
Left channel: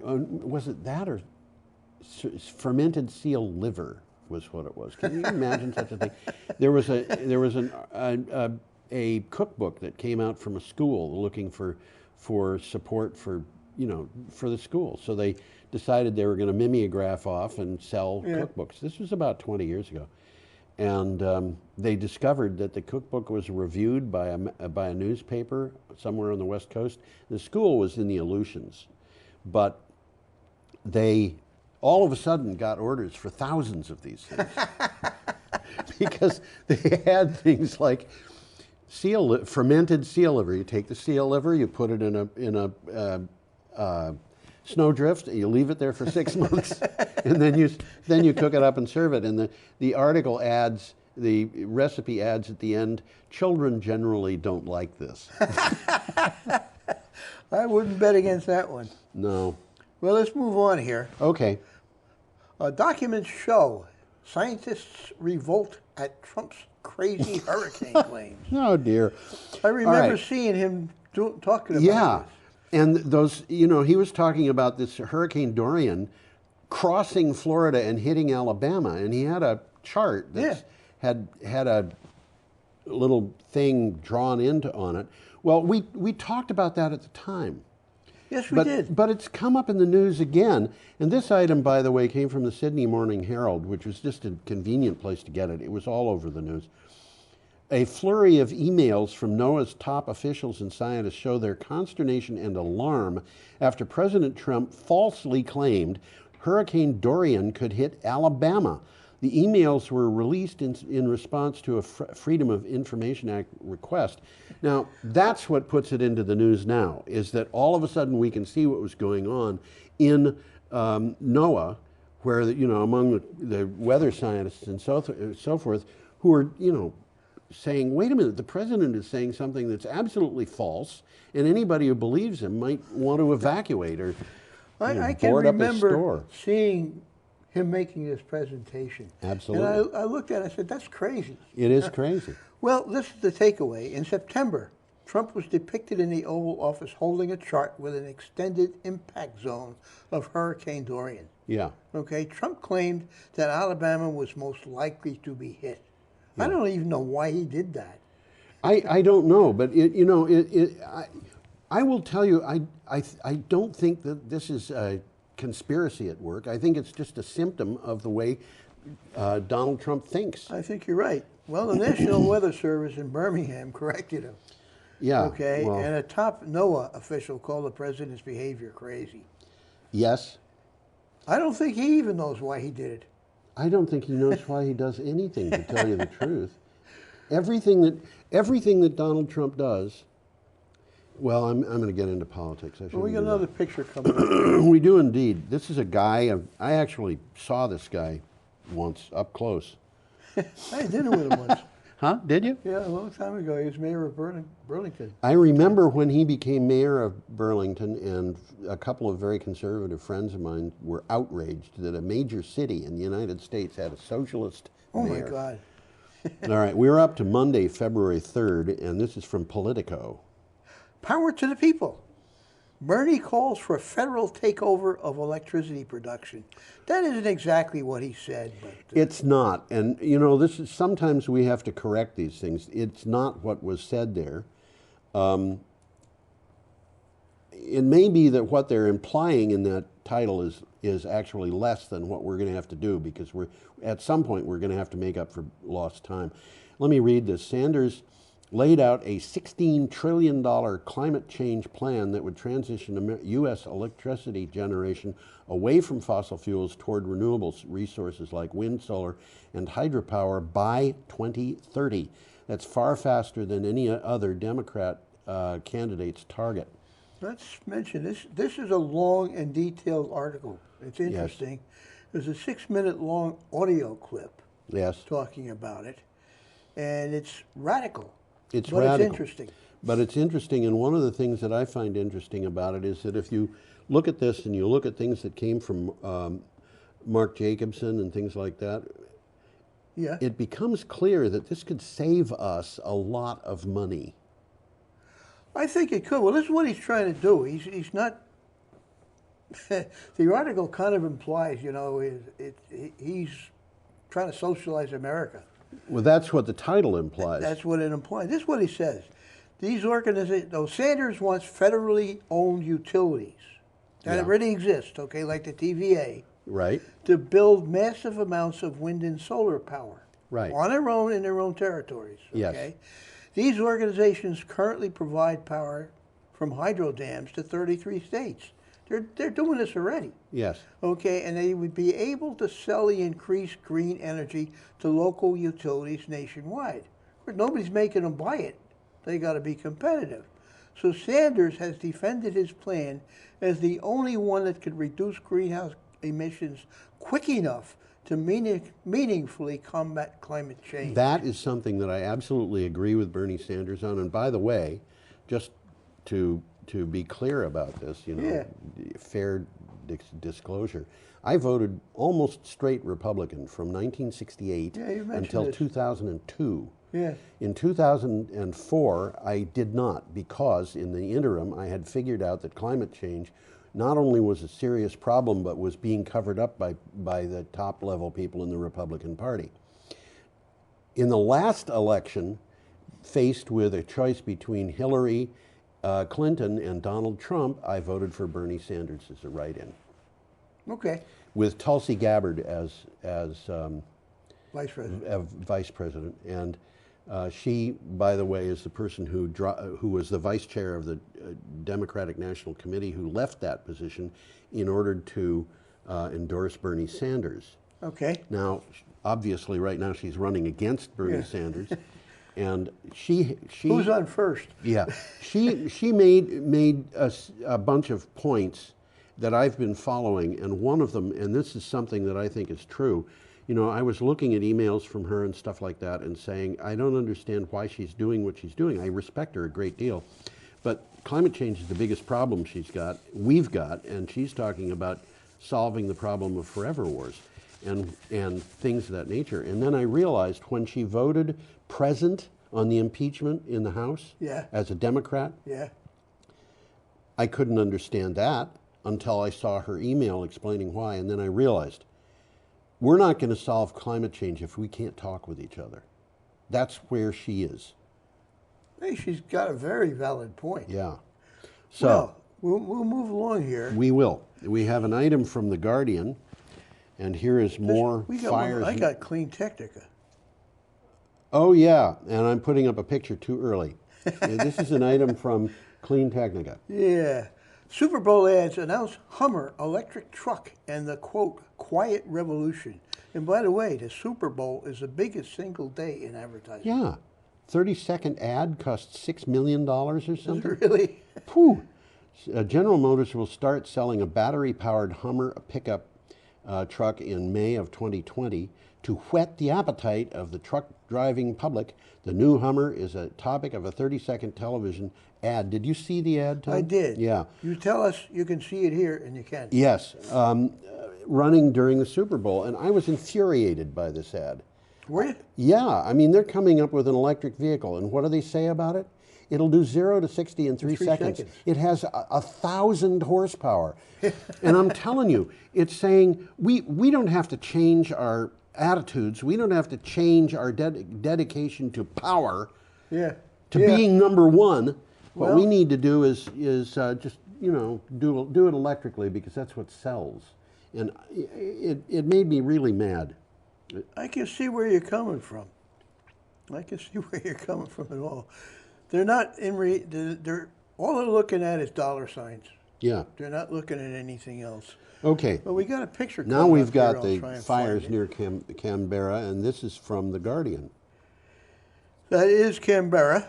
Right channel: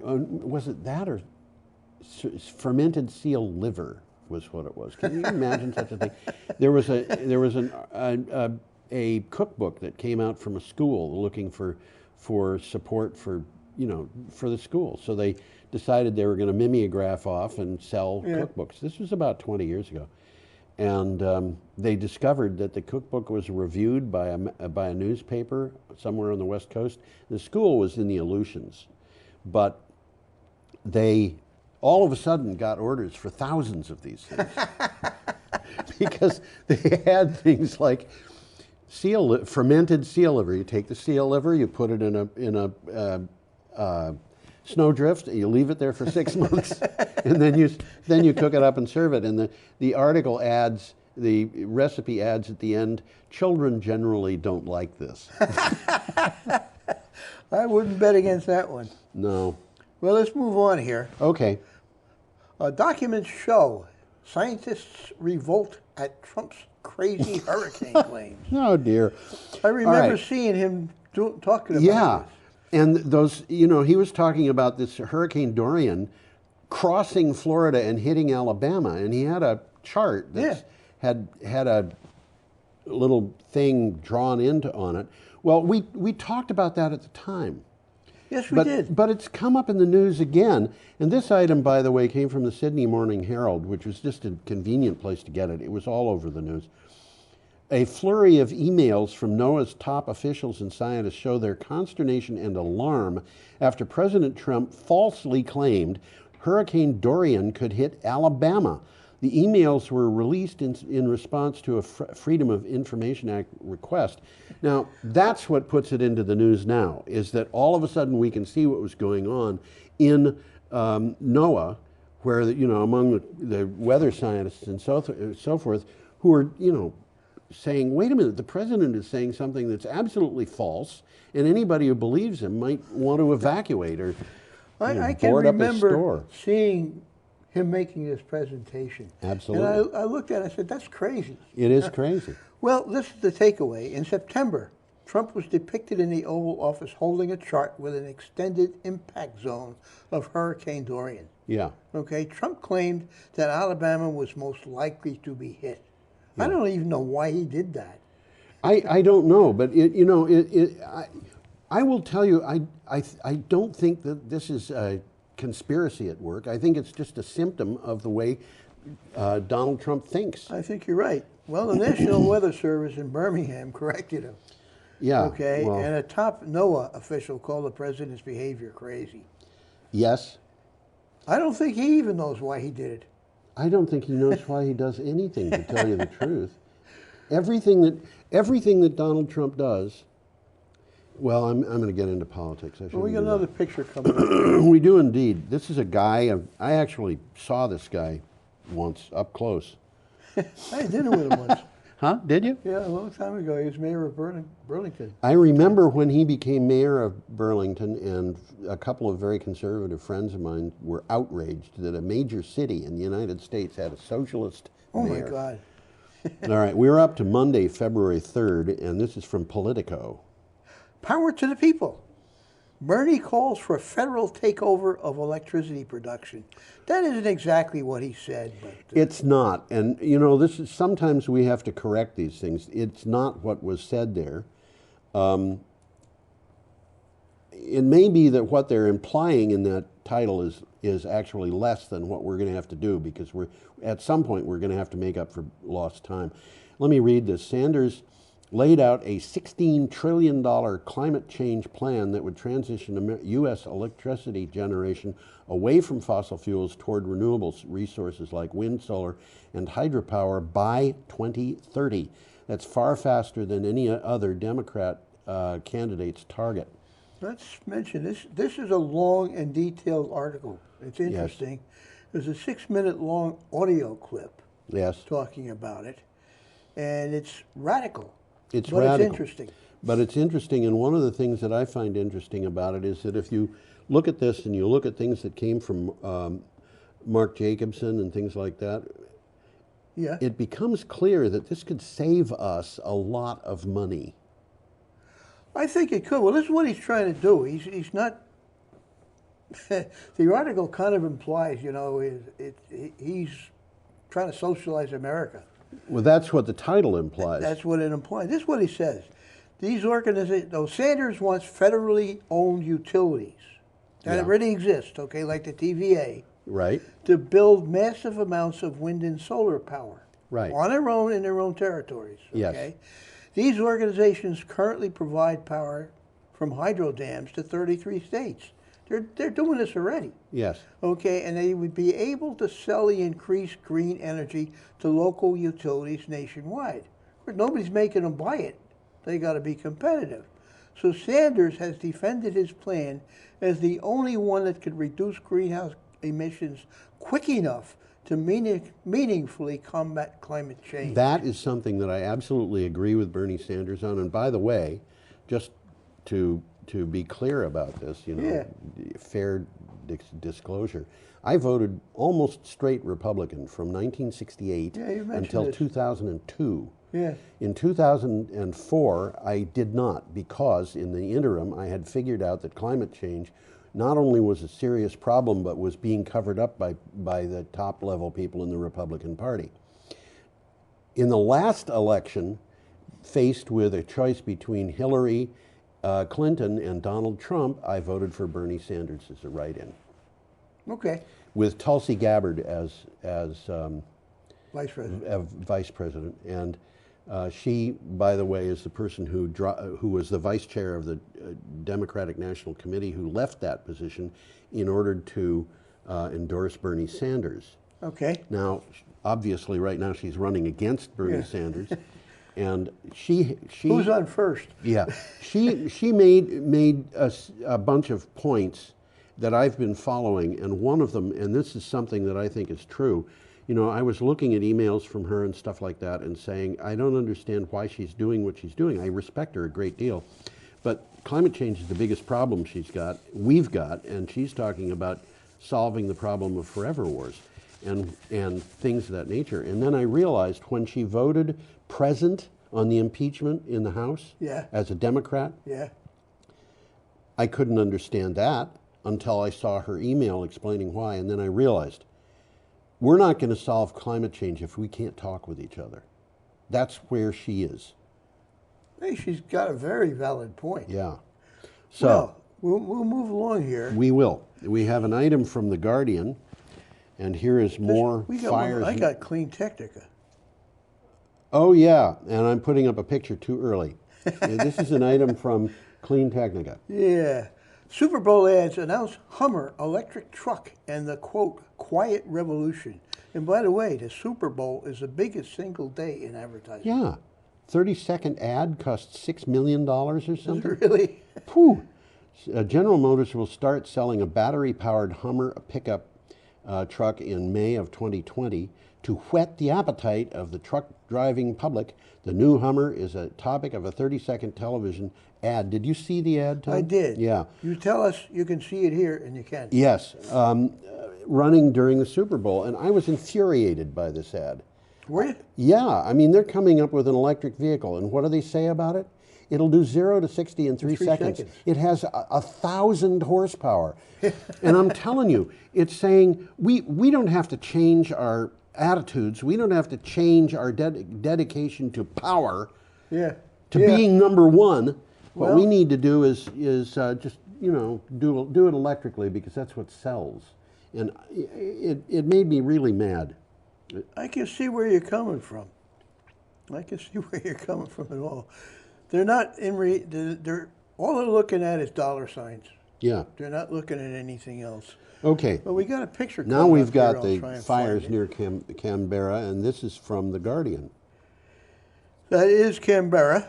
Was it that or fermented seal liver was what it was? Can you imagine such a thing? There was a cookbook that came out from a school looking for support for the school. So they decided they were going to mimeograph off and sell cookbooks. This was about 20 years ago. And they discovered that the cookbook was reviewed by a newspaper somewhere on the West Coast. The school was in the Aleutians, but they all of a sudden got orders for thousands of these things because they had things like fermented seal liver. You take the seal liver, you put it in a snowdrift, you leave it there for 6 months, and then you cook it up and serve it. And the article adds, the recipe adds at the end, children generally don't like this. I wouldn't bet against that one. No. Well, let's move on here. Okay. Documents show scientists revolt at Trump's crazy hurricane claims. Oh, dear. I remember right. seeing him talking about this. And those, he was talking about this Hurricane Dorian crossing Florida and hitting Alabama, and he had a chart that had a little thing drawn on it. Well, we talked about that at the time. Yes, we did. But it's come up in the news again. And this item, by the way, came from the Sydney Morning Herald, which was just a convenient place to get it. It was all over the news. A flurry of emails from NOAA's top officials and scientists show their consternation and alarm after President Trump falsely claimed Hurricane Dorian could hit Alabama. The emails were released in response to a Freedom of Information Act request. Now, that's what puts it into the news now, is that all of a sudden we can see what was going on in NOAA, where, among the weather scientists and so forth, who are, saying, wait a minute, the president is saying something that's absolutely false, and anybody who believes him might want to evacuate or I can board up his remember store. seeing him making this presentation. Absolutely. And I looked at it, I said, that's crazy. It is crazy. Well, this is the takeaway. In September, Trump was depicted in the Oval Office holding a chart with an extended impact zone of Hurricane Dorian. Yeah. Okay, Trump claimed that Alabama was most likely to be hit. Yeah. I don't even know why he did that. I don't know, but I will tell you, I don't think that this is a conspiracy at work. I think it's just a symptom of the way Donald Trump thinks. I think you're right. Well, the National Weather Service in Birmingham corrected him. Yeah. Okay, well, and a top NOAA official called the president's behavior crazy. Yes. I don't think he even knows why he did it. I don't think he knows why he does anything, to tell you the truth. Everything that Donald Trump does. Well, I'm going to get into politics. Well, we got another picture coming up. We do indeed. This is a guy. I actually saw this guy once up close. I had dinner with him once. Huh? Did you? Yeah, a long time ago. He was mayor of Burlington. I remember when he became mayor of Burlington, and a couple of very conservative friends of mine were outraged that a major city in the United States had a socialist mayor. Oh, my God. All right, we're up to Monday, February 3rd, and this is from Politico. Power to the people. Bernie calls for a federal takeover of electricity production. That isn't exactly what he said, but It's not, and you know, this is sometimes we have to correct these things. It's not what was said there. It may be that what they're implying in that title is actually less than what we're going to have to do, because at some point we're going to have to make up for lost time. Let me read this. Sanders laid out a $16 trillion climate change plan that would transition U.S. electricity generation away from fossil fuels toward renewable resources like wind, solar, and hydropower by 2030. That's far faster than any other Democrat candidate's target. let's mention this. This is a long and detailed article. It's interesting. There's a 6-minute long audio clip talking about it, and it's radical. It's but radical. It's interesting. But it's interesting, and one of the things that I find interesting about it is that if you look at this and you look at things that came from Mark Jacobson and things like that, it becomes clear that this could save us a lot of money. I think it could. Well, this is what he's trying to do. He's not. The article kind of implies, you know, he's trying to socialize America. Well, that's what the title implies. That's what it implies. This is what he says. These organizations, though Sanders wants federally owned utilities that already exist, okay, like the TVA, right, to build massive amounts of wind and solar power, right, on their own in their own territories. Okay, yes. These organizations currently provide power from hydro dams to 33 states. They're doing this already. Yes. Okay, and they would be able to sell the increased green energy to local utilities nationwide. But nobody's making them buy it. They got to be competitive. So Sanders has defended his plan as the only one that could reduce greenhouse emissions quick enough to meaningfully combat climate change. That is something that I absolutely agree with Bernie Sanders on. And by the way, just to be clear about this, you know, fair disclosure, I voted almost straight Republican from 1968 until 2002. Yeah. In 2004, I did not, because in the interim, I had figured out that climate change not only was a serious problem, but was being covered up by the top level people in the Republican Party. In the last election, faced with a choice between Hillary Clinton and Donald Trump, I voted for Bernie Sanders as a write-in. Okay. With Tulsi Gabbard as vice president. Vice president, and she, by the way, is the person who was the vice chair of the Democratic National Committee, who left that position in order to endorse Bernie Sanders. Okay. Now, obviously, right now she's running against Bernie Sanders. And she who's on first? Yeah, she made a bunch of points that I've been following, and one of them, and this is something that I think is true. You know, I was looking at emails from her and stuff like that, and saying I don't understand why she's doing what she's doing. I respect her a great deal, but climate change is the biggest problem we've got, and she's talking about solving the problem of forever wars. and things of that nature. And then I realized when she voted present on the impeachment in the House Yeah. as a Democrat, Yeah. I couldn't understand that until I saw her email explaining why. And then I realized we're not going to solve climate change if we can't talk with each other. That's where she is. Hey, she's got a very valid point. Yeah. So Well, we'll move along here. we will. We have an item from The Guardian, and here is more We got fires. I got Clean Technica. Oh, yeah, and I'm putting up a picture too early. Yeah, this is an item from Clean Technica. Yeah. Super Bowl ads announce Hummer electric truck and the, quote, quiet revolution. And by the way, the Super Bowl is the biggest single day in advertising. Yeah. 30-second ad costs $6 million or something. Really? Phew. General Motors will start selling a battery-powered Hummer pickup truck in May of 2020 to whet the appetite of the truck-driving public. The new Hummer is a topic of a 30-second television ad. Did you see the ad, Tom? I did. Yeah. You tell us you can see it here, and you can. Yes. Running during the Super Bowl, and I was infuriated by this ad. Were you? Yeah, I mean, they're coming up with an electric vehicle, and what do they say about it? It'll do 0 to 60 in 3 seconds. It has 1,000 horsepower. And I'm telling you, it's saying we don't have to change our attitudes. We don't have to change our dedication to power, Yeah. to Yeah. being number one. What Well- we need to do is just, you know, do it electrically because that's what sells. And it made me really mad. I can see where you're coming from. I can see where you're coming from at all. They're not they're all they're looking at is dollar signs. Yeah. They're not looking at anything else. Okay. Well, we got a picture. Now coming we've up here. got I'll the try and fires find near Canberra, and this is from The Guardian. That is Canberra,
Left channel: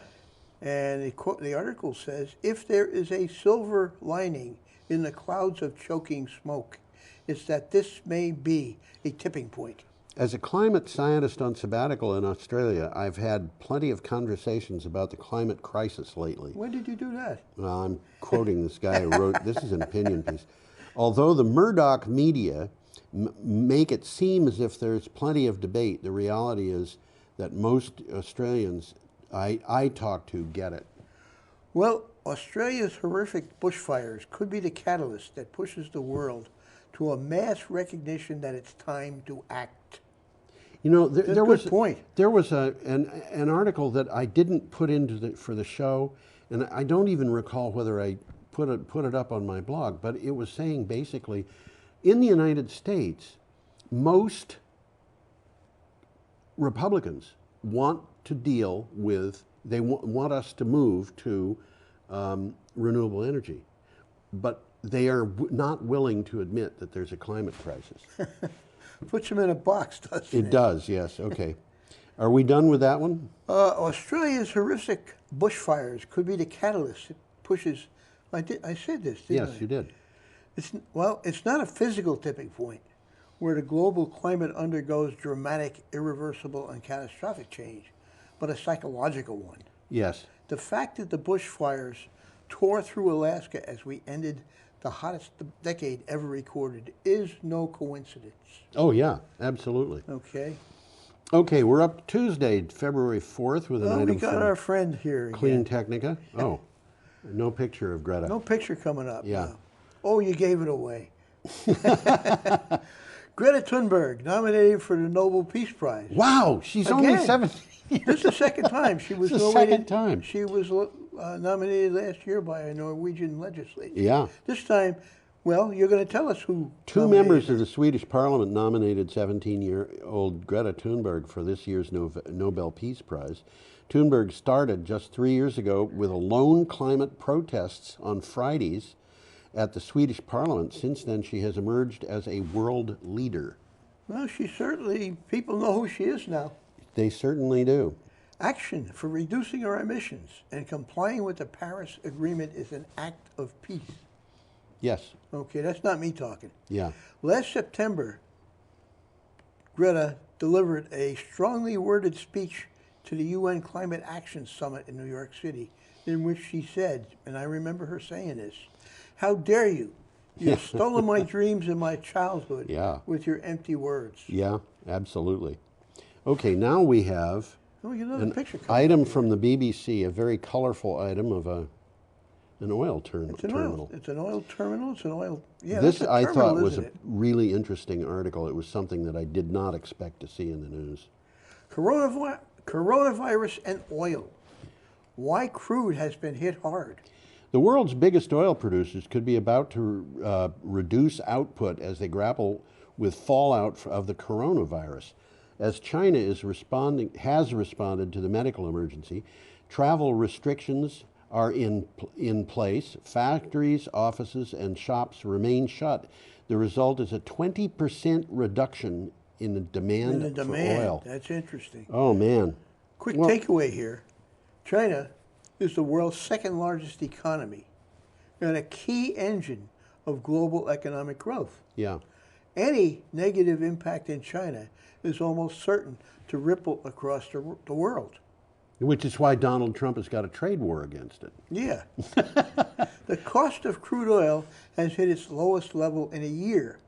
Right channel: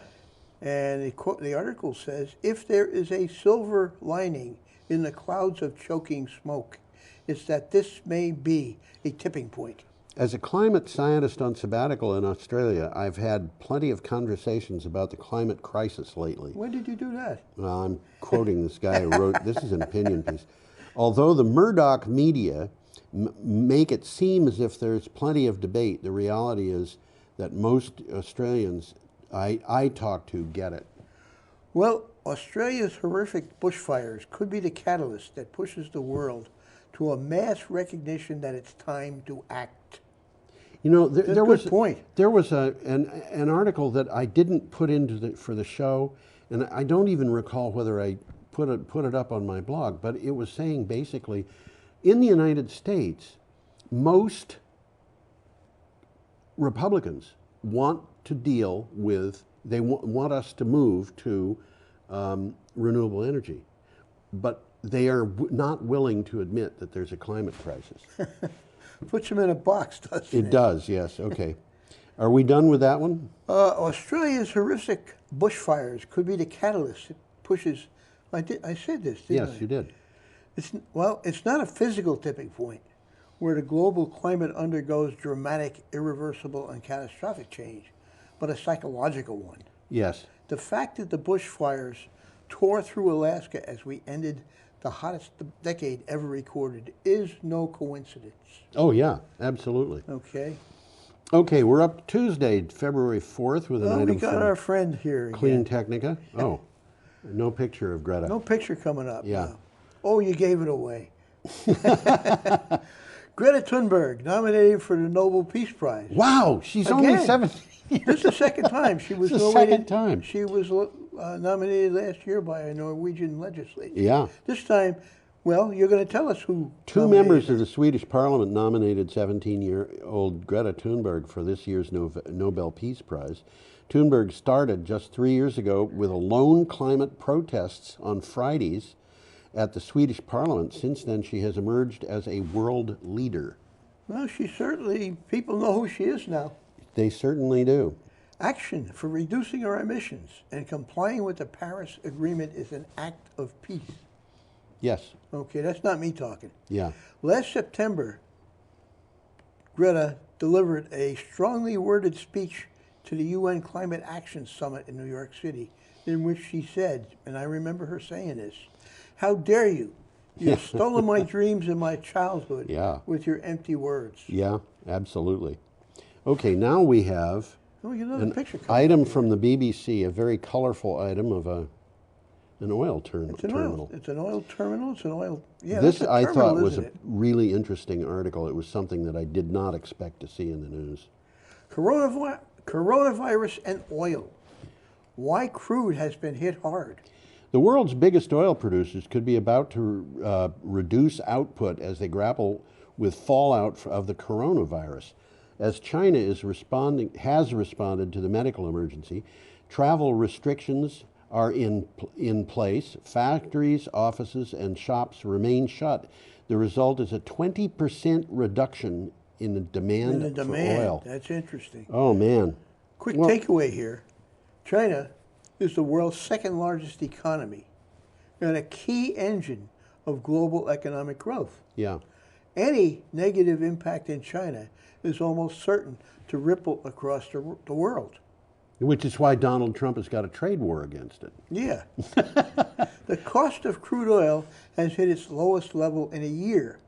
and the article says, if there is a silver lining in the clouds of choking smoke, it's that this may be a tipping point. As a climate scientist on sabbatical in Australia, I've had plenty of conversations about the climate crisis lately. When did you do that? Well, I'm quoting this guy who wrote, this is an opinion piece. Although the Murdoch media make it seem as if there's plenty of debate, the reality is that most Australians I talk to get it. Well, Australia's horrific bushfires could be the catalyst that pushes the world to a mass recognition that it's time to act. You know, there was an article that I didn't put into for the show, and I don't even recall whether I put it up on my blog, but it was saying basically, in the United States, most Republicans want to deal with, they want us to move to renewable energy, but they are not willing to admit that there's a climate crisis. Puts them in a box, doesn't it? It does, yes. Okay. Are we done with that one? Australia's horrific bushfires could be the catalyst that pushes. I said this, didn't I? Yes, you did. It's not a physical tipping point where the global climate undergoes dramatic, irreversible, and catastrophic change, but a psychological one. Yes. The fact that the bushfires tore through Alaska as we ended the hottest decade ever recorded is no coincidence. Oh, yeah, absolutely. Okay. Okay, we're up Tuesday, February 4th with an item we got from our friend here Clean again. Technica. Oh, no picture of Greta. No picture coming up. Yeah. No. Oh, you gave it away. Greta Thunberg, nominated for the Nobel Peace Prize. Wow, she's only 17. This is the second time she was It's the nominated. second time. She was nominated last year by a Norwegian legislature. Yeah. This time, well, you're going to tell us who. Two members of the Swedish parliament nominated 17-year-old Greta Thunberg for this year's Nobel Peace Prize. Thunberg started just 3 years ago with alone climate protests on Fridays at the Swedish parliament. Since then, she has emerged as a world leader. Well, people know who she is now. They certainly do. Action for reducing our emissions and complying with the Paris Agreement is an act of peace. Yes. Okay, that's not me talking. Yeah. Last September, Greta delivered a strongly worded speech to the UN Climate Action Summit in New York City, in which she said, and I remember her saying this, "How dare you You've stolen my dreams and my childhood Yeah. with your empty words. Yeah, absolutely. Okay, now we have Oh, you know the an picture coming item up here. from the BBC, a very colorful item of an oil It's an terminal. oil. It's an oil terminal. It's an oil. Yeah, This that's a I terminal, thought was isn't a it? really interesting article. It was something that I did not expect to see in the news. Coronavirus and oil. Why crude has been hit hard. The world's biggest oil producers could be about to reduce output as they grapple with fallout of the coronavirus. As China has responded to the medical emergency, travel restrictions are in place. Factories, offices, and shops remain shut. The result is a 20% reduction in the demand, for oil. That's interesting. Oh, man. Quick takeaway here. China is the world's second largest economy and a key engine of global economic growth. Yeah. Any negative impact in China is almost certain to ripple across the world. Which is why Donald Trump has got a trade war against it. Yeah. The cost of crude oil has hit its lowest level in a year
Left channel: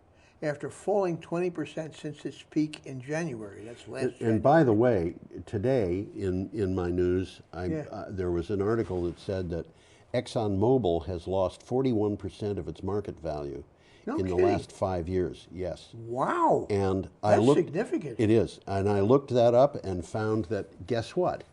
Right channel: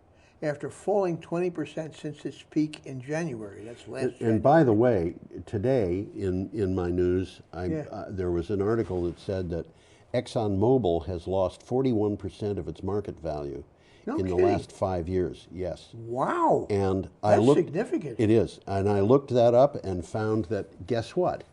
after falling 20% since its peak in January. That's last January. And by the way, today in my news, there was an article that said that ExxonMobil has lost 41% of its market value in the last 5 years. Yes. Wow. And That's significant. It is. And I looked that up and found that, guess what?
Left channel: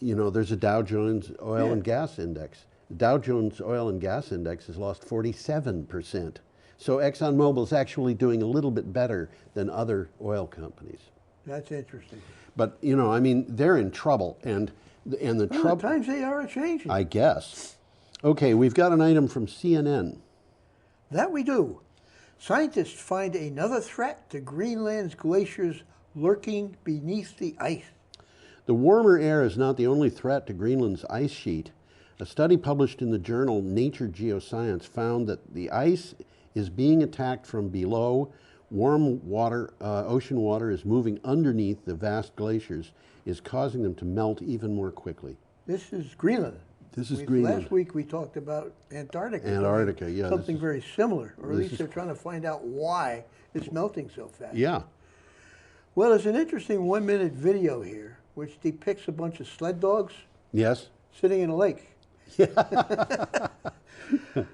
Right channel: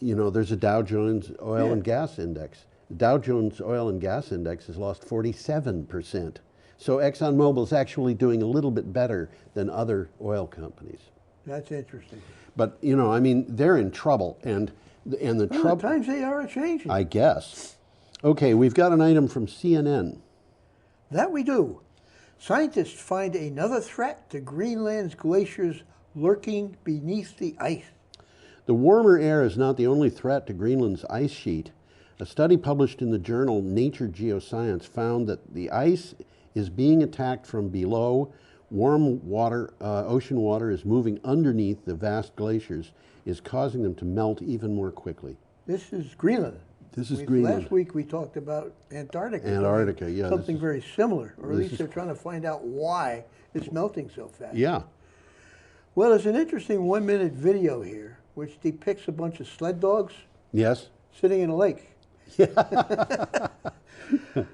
You know, there's a Dow Jones Oil and Gas Index. The Dow Jones Oil and Gas Index has lost 47%. So ExxonMobil is actually doing a little bit better than other oil companies. That's interesting. But, you know, I mean, they're in trouble. And the trouble... times they are changing. I guess. Okay, we've got an item from CNN. That we do. Scientists find another threat to Greenland's glaciers lurking beneath the ice. The warmer air is not the only threat to Greenland's ice sheet. A study published in the journal Nature Geoscience found that the ice is being attacked from below. Warm water, ocean water is moving underneath the vast glaciers, is causing them to melt even more quickly. This is Greenland. This is Greenland. Last week we talked about Antarctica. Antarctica, yeah. Something very similar, or at least they're trying to find out why it's melting so fast. Yeah. Well, there's an interesting 1-minute video here which depicts a bunch of sled dogs. Yes. Sitting in a lake.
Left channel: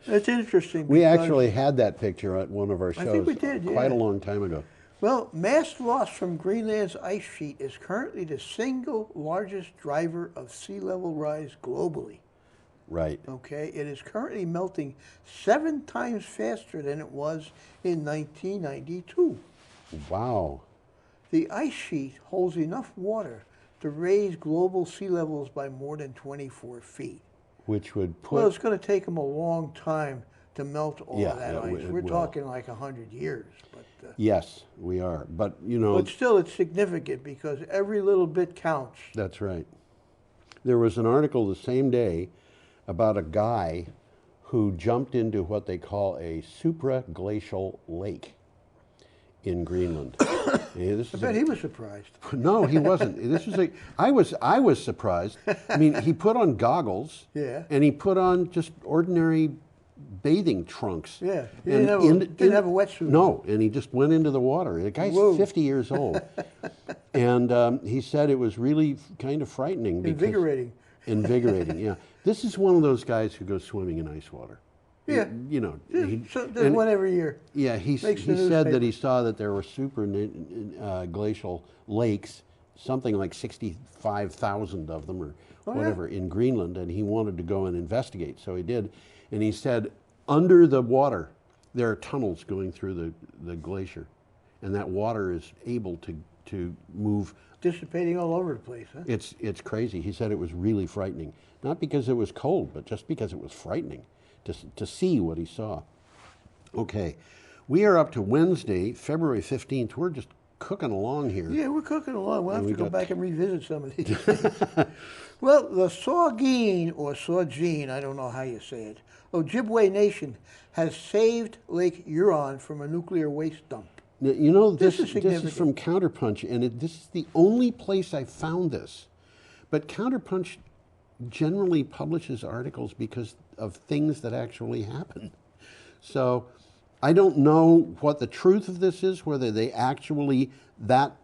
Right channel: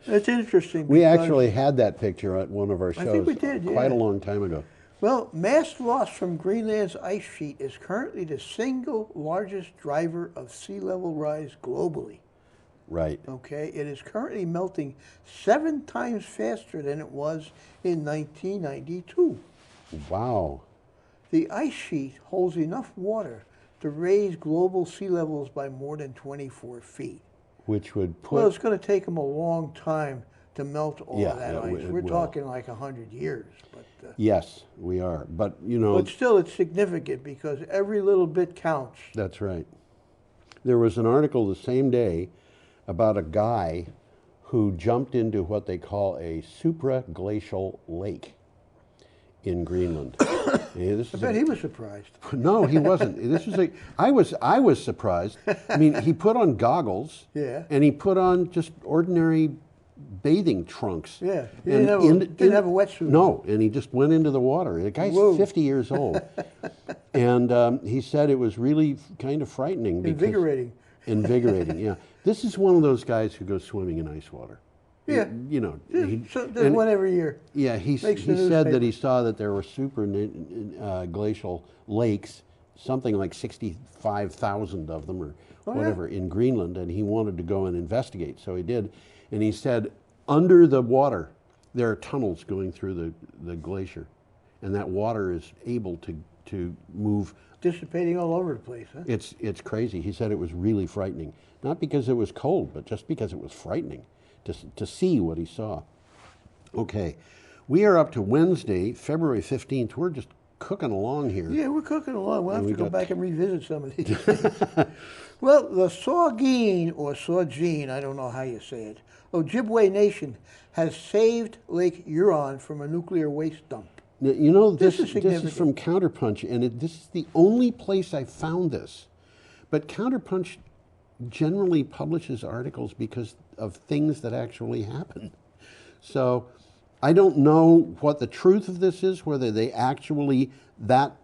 It's interesting. We actually had that picture at one of our shows. I think we did, quite a long time ago. Well, mass loss from Greenland's ice sheet is currently the single largest driver of sea level rise globally. Right. Okay, it is currently melting 7 times faster than it was in 1992. Wow. The ice sheet holds enough water to raise global sea levels by more than 24 feet. Which would put... Well, it's going to take them a long time to melt all of that ice. We're will. talking like 100 years. But, yes, we are. But, you know... But still, it's significant because every little bit counts. That's right. There was an article the same day about a guy who jumped into what they call a supraglacial lake in Greenland. I bet he was surprised. No, he wasn't. This was I was surprised. I mean, he put on goggles. Yeah. And he put on just ordinary bathing trunks. Yeah. He didn't have a wetsuit. No, and he just went into the water. The guy's 50 years old. And he said it was really kind of frightening. Invigorating. Invigorating, yeah. This is one of those guys who goes swimming in ice water. Yeah. You know. There's one every year. Yeah, he said that he saw that there were super glacial lakes, something like 65,000 of them or whatever, in Greenland, and he wanted to go and investigate. So he did. And he said, under the water, there are tunnels going through the glacier, and that water is able to move. Dissipating all over the place, huh? It's crazy. He said it was really frightening. Not because it was cold, but just because it was frightening to see what he saw. Okay, we are up to Wednesday, February 15th. We're just cooking along here. Yeah, we're cooking along. We'll have to go back and revisit some of these. Well, the Saugeen, or Saugeen, I don't know how you say it, Ojibwe Nation has saved Lake Huron from a nuclear waste dump. Now, you know, this is significant. from Counterpunch, and this is the only place I found this. But Counterpunch generally publishes articles because of things that actually happen. So I don't know what the truth of this is, whether they actually, that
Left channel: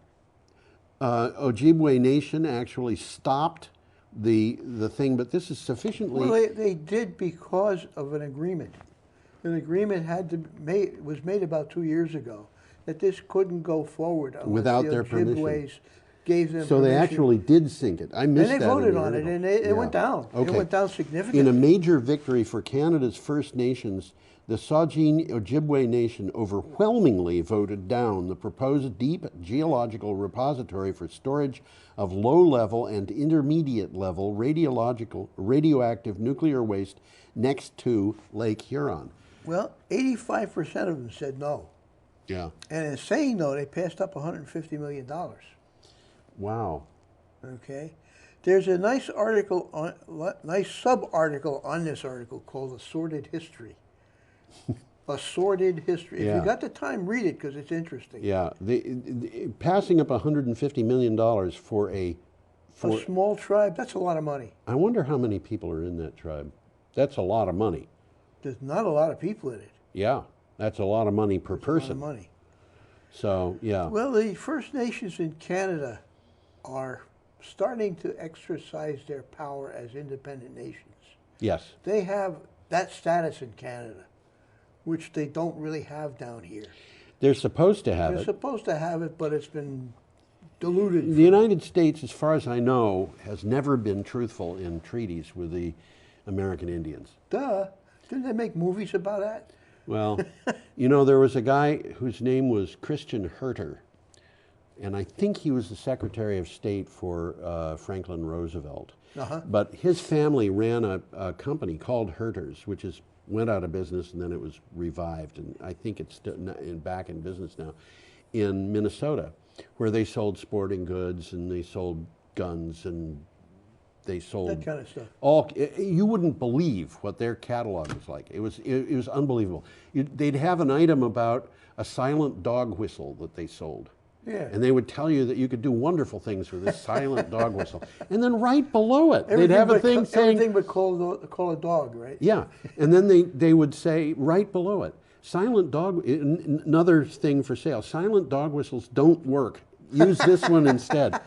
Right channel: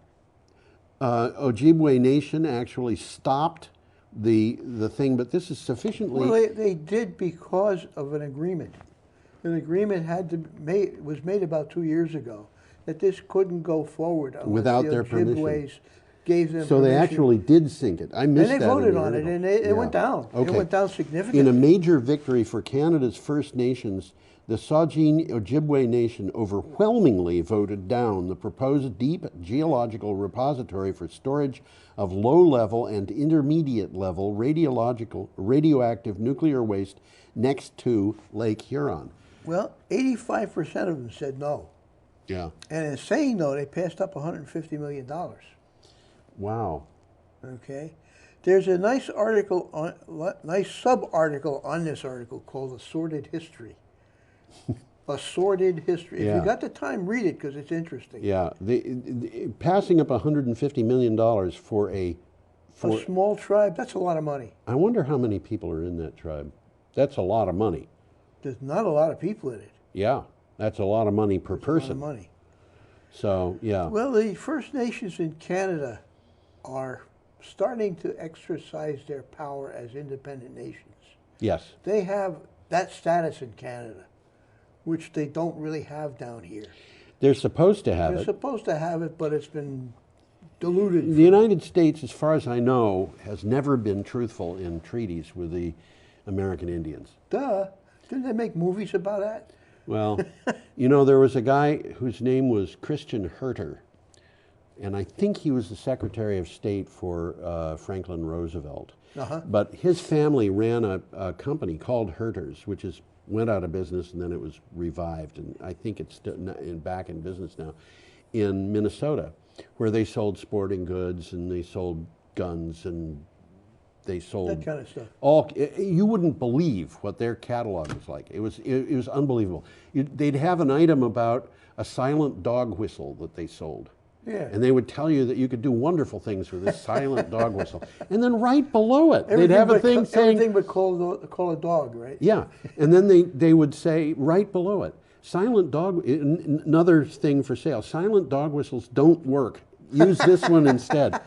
Ojibwe Nation actually stopped the thing, but this is sufficiently... Well, they did because of an agreement. An agreement was made about 2 years ago that this couldn't go forward unless without the their permission. Ojibways gave them So permission. they actually did sink it. I missed that. And they voted on it, and it went down. Okay. It went down significantly. In a major victory for Canada's First Nations, the Saugeen Ojibwe Nation overwhelmingly voted down the proposed deep geological repository for storage of low-level and intermediate-level radioactive nuclear waste next to Lake Huron. Well, 85% of them said no. Yeah. And in saying no, they passed up $150 million. Wow. Okay. There's a nice article, nice sub-article on this article called A Sordid History. A Sordid History. Yeah. If you got the time, read it because it's interesting. Yeah. Passing up $150 million for a small tribe, that's a lot of money. I wonder how many people are in that tribe. That's a lot of money. There's not a lot of people in it. Yeah. That's a lot of money per person. A lot of money. So, yeah. Well, the First Nations in Canada are starting to exercise their power as independent nations. Yes. They have that status in Canada, which they don't really have down here. They're supposed to have it. They're supposed to have it, but it's been diluted. The United States, as far as I know, has never been truthful in treaties with the American Indians. Duh. Didn't they make movies about that? Well, you know, there was a guy whose name was Christian Herter, and I think he was the Secretary of State for Franklin Roosevelt. Uh-huh. But his family ran a company called Herter's, which went out of business and then it was revived, and I think it's back in business now, in Minnesota, where they sold sporting goods and they sold guns and they sold that kind of stuff. You wouldn't believe what their catalog was like. It was unbelievable. They'd have an item about a silent dog whistle that they sold. Yeah. And they would tell you that you could do wonderful things with this silent dog whistle. And then right below it, Everything they'd have a thing saying... Everything but call a dog, right? Yeah. And then they would say right below it, silent dog, another thing for sale, silent dog whistles don't work. Use this one instead.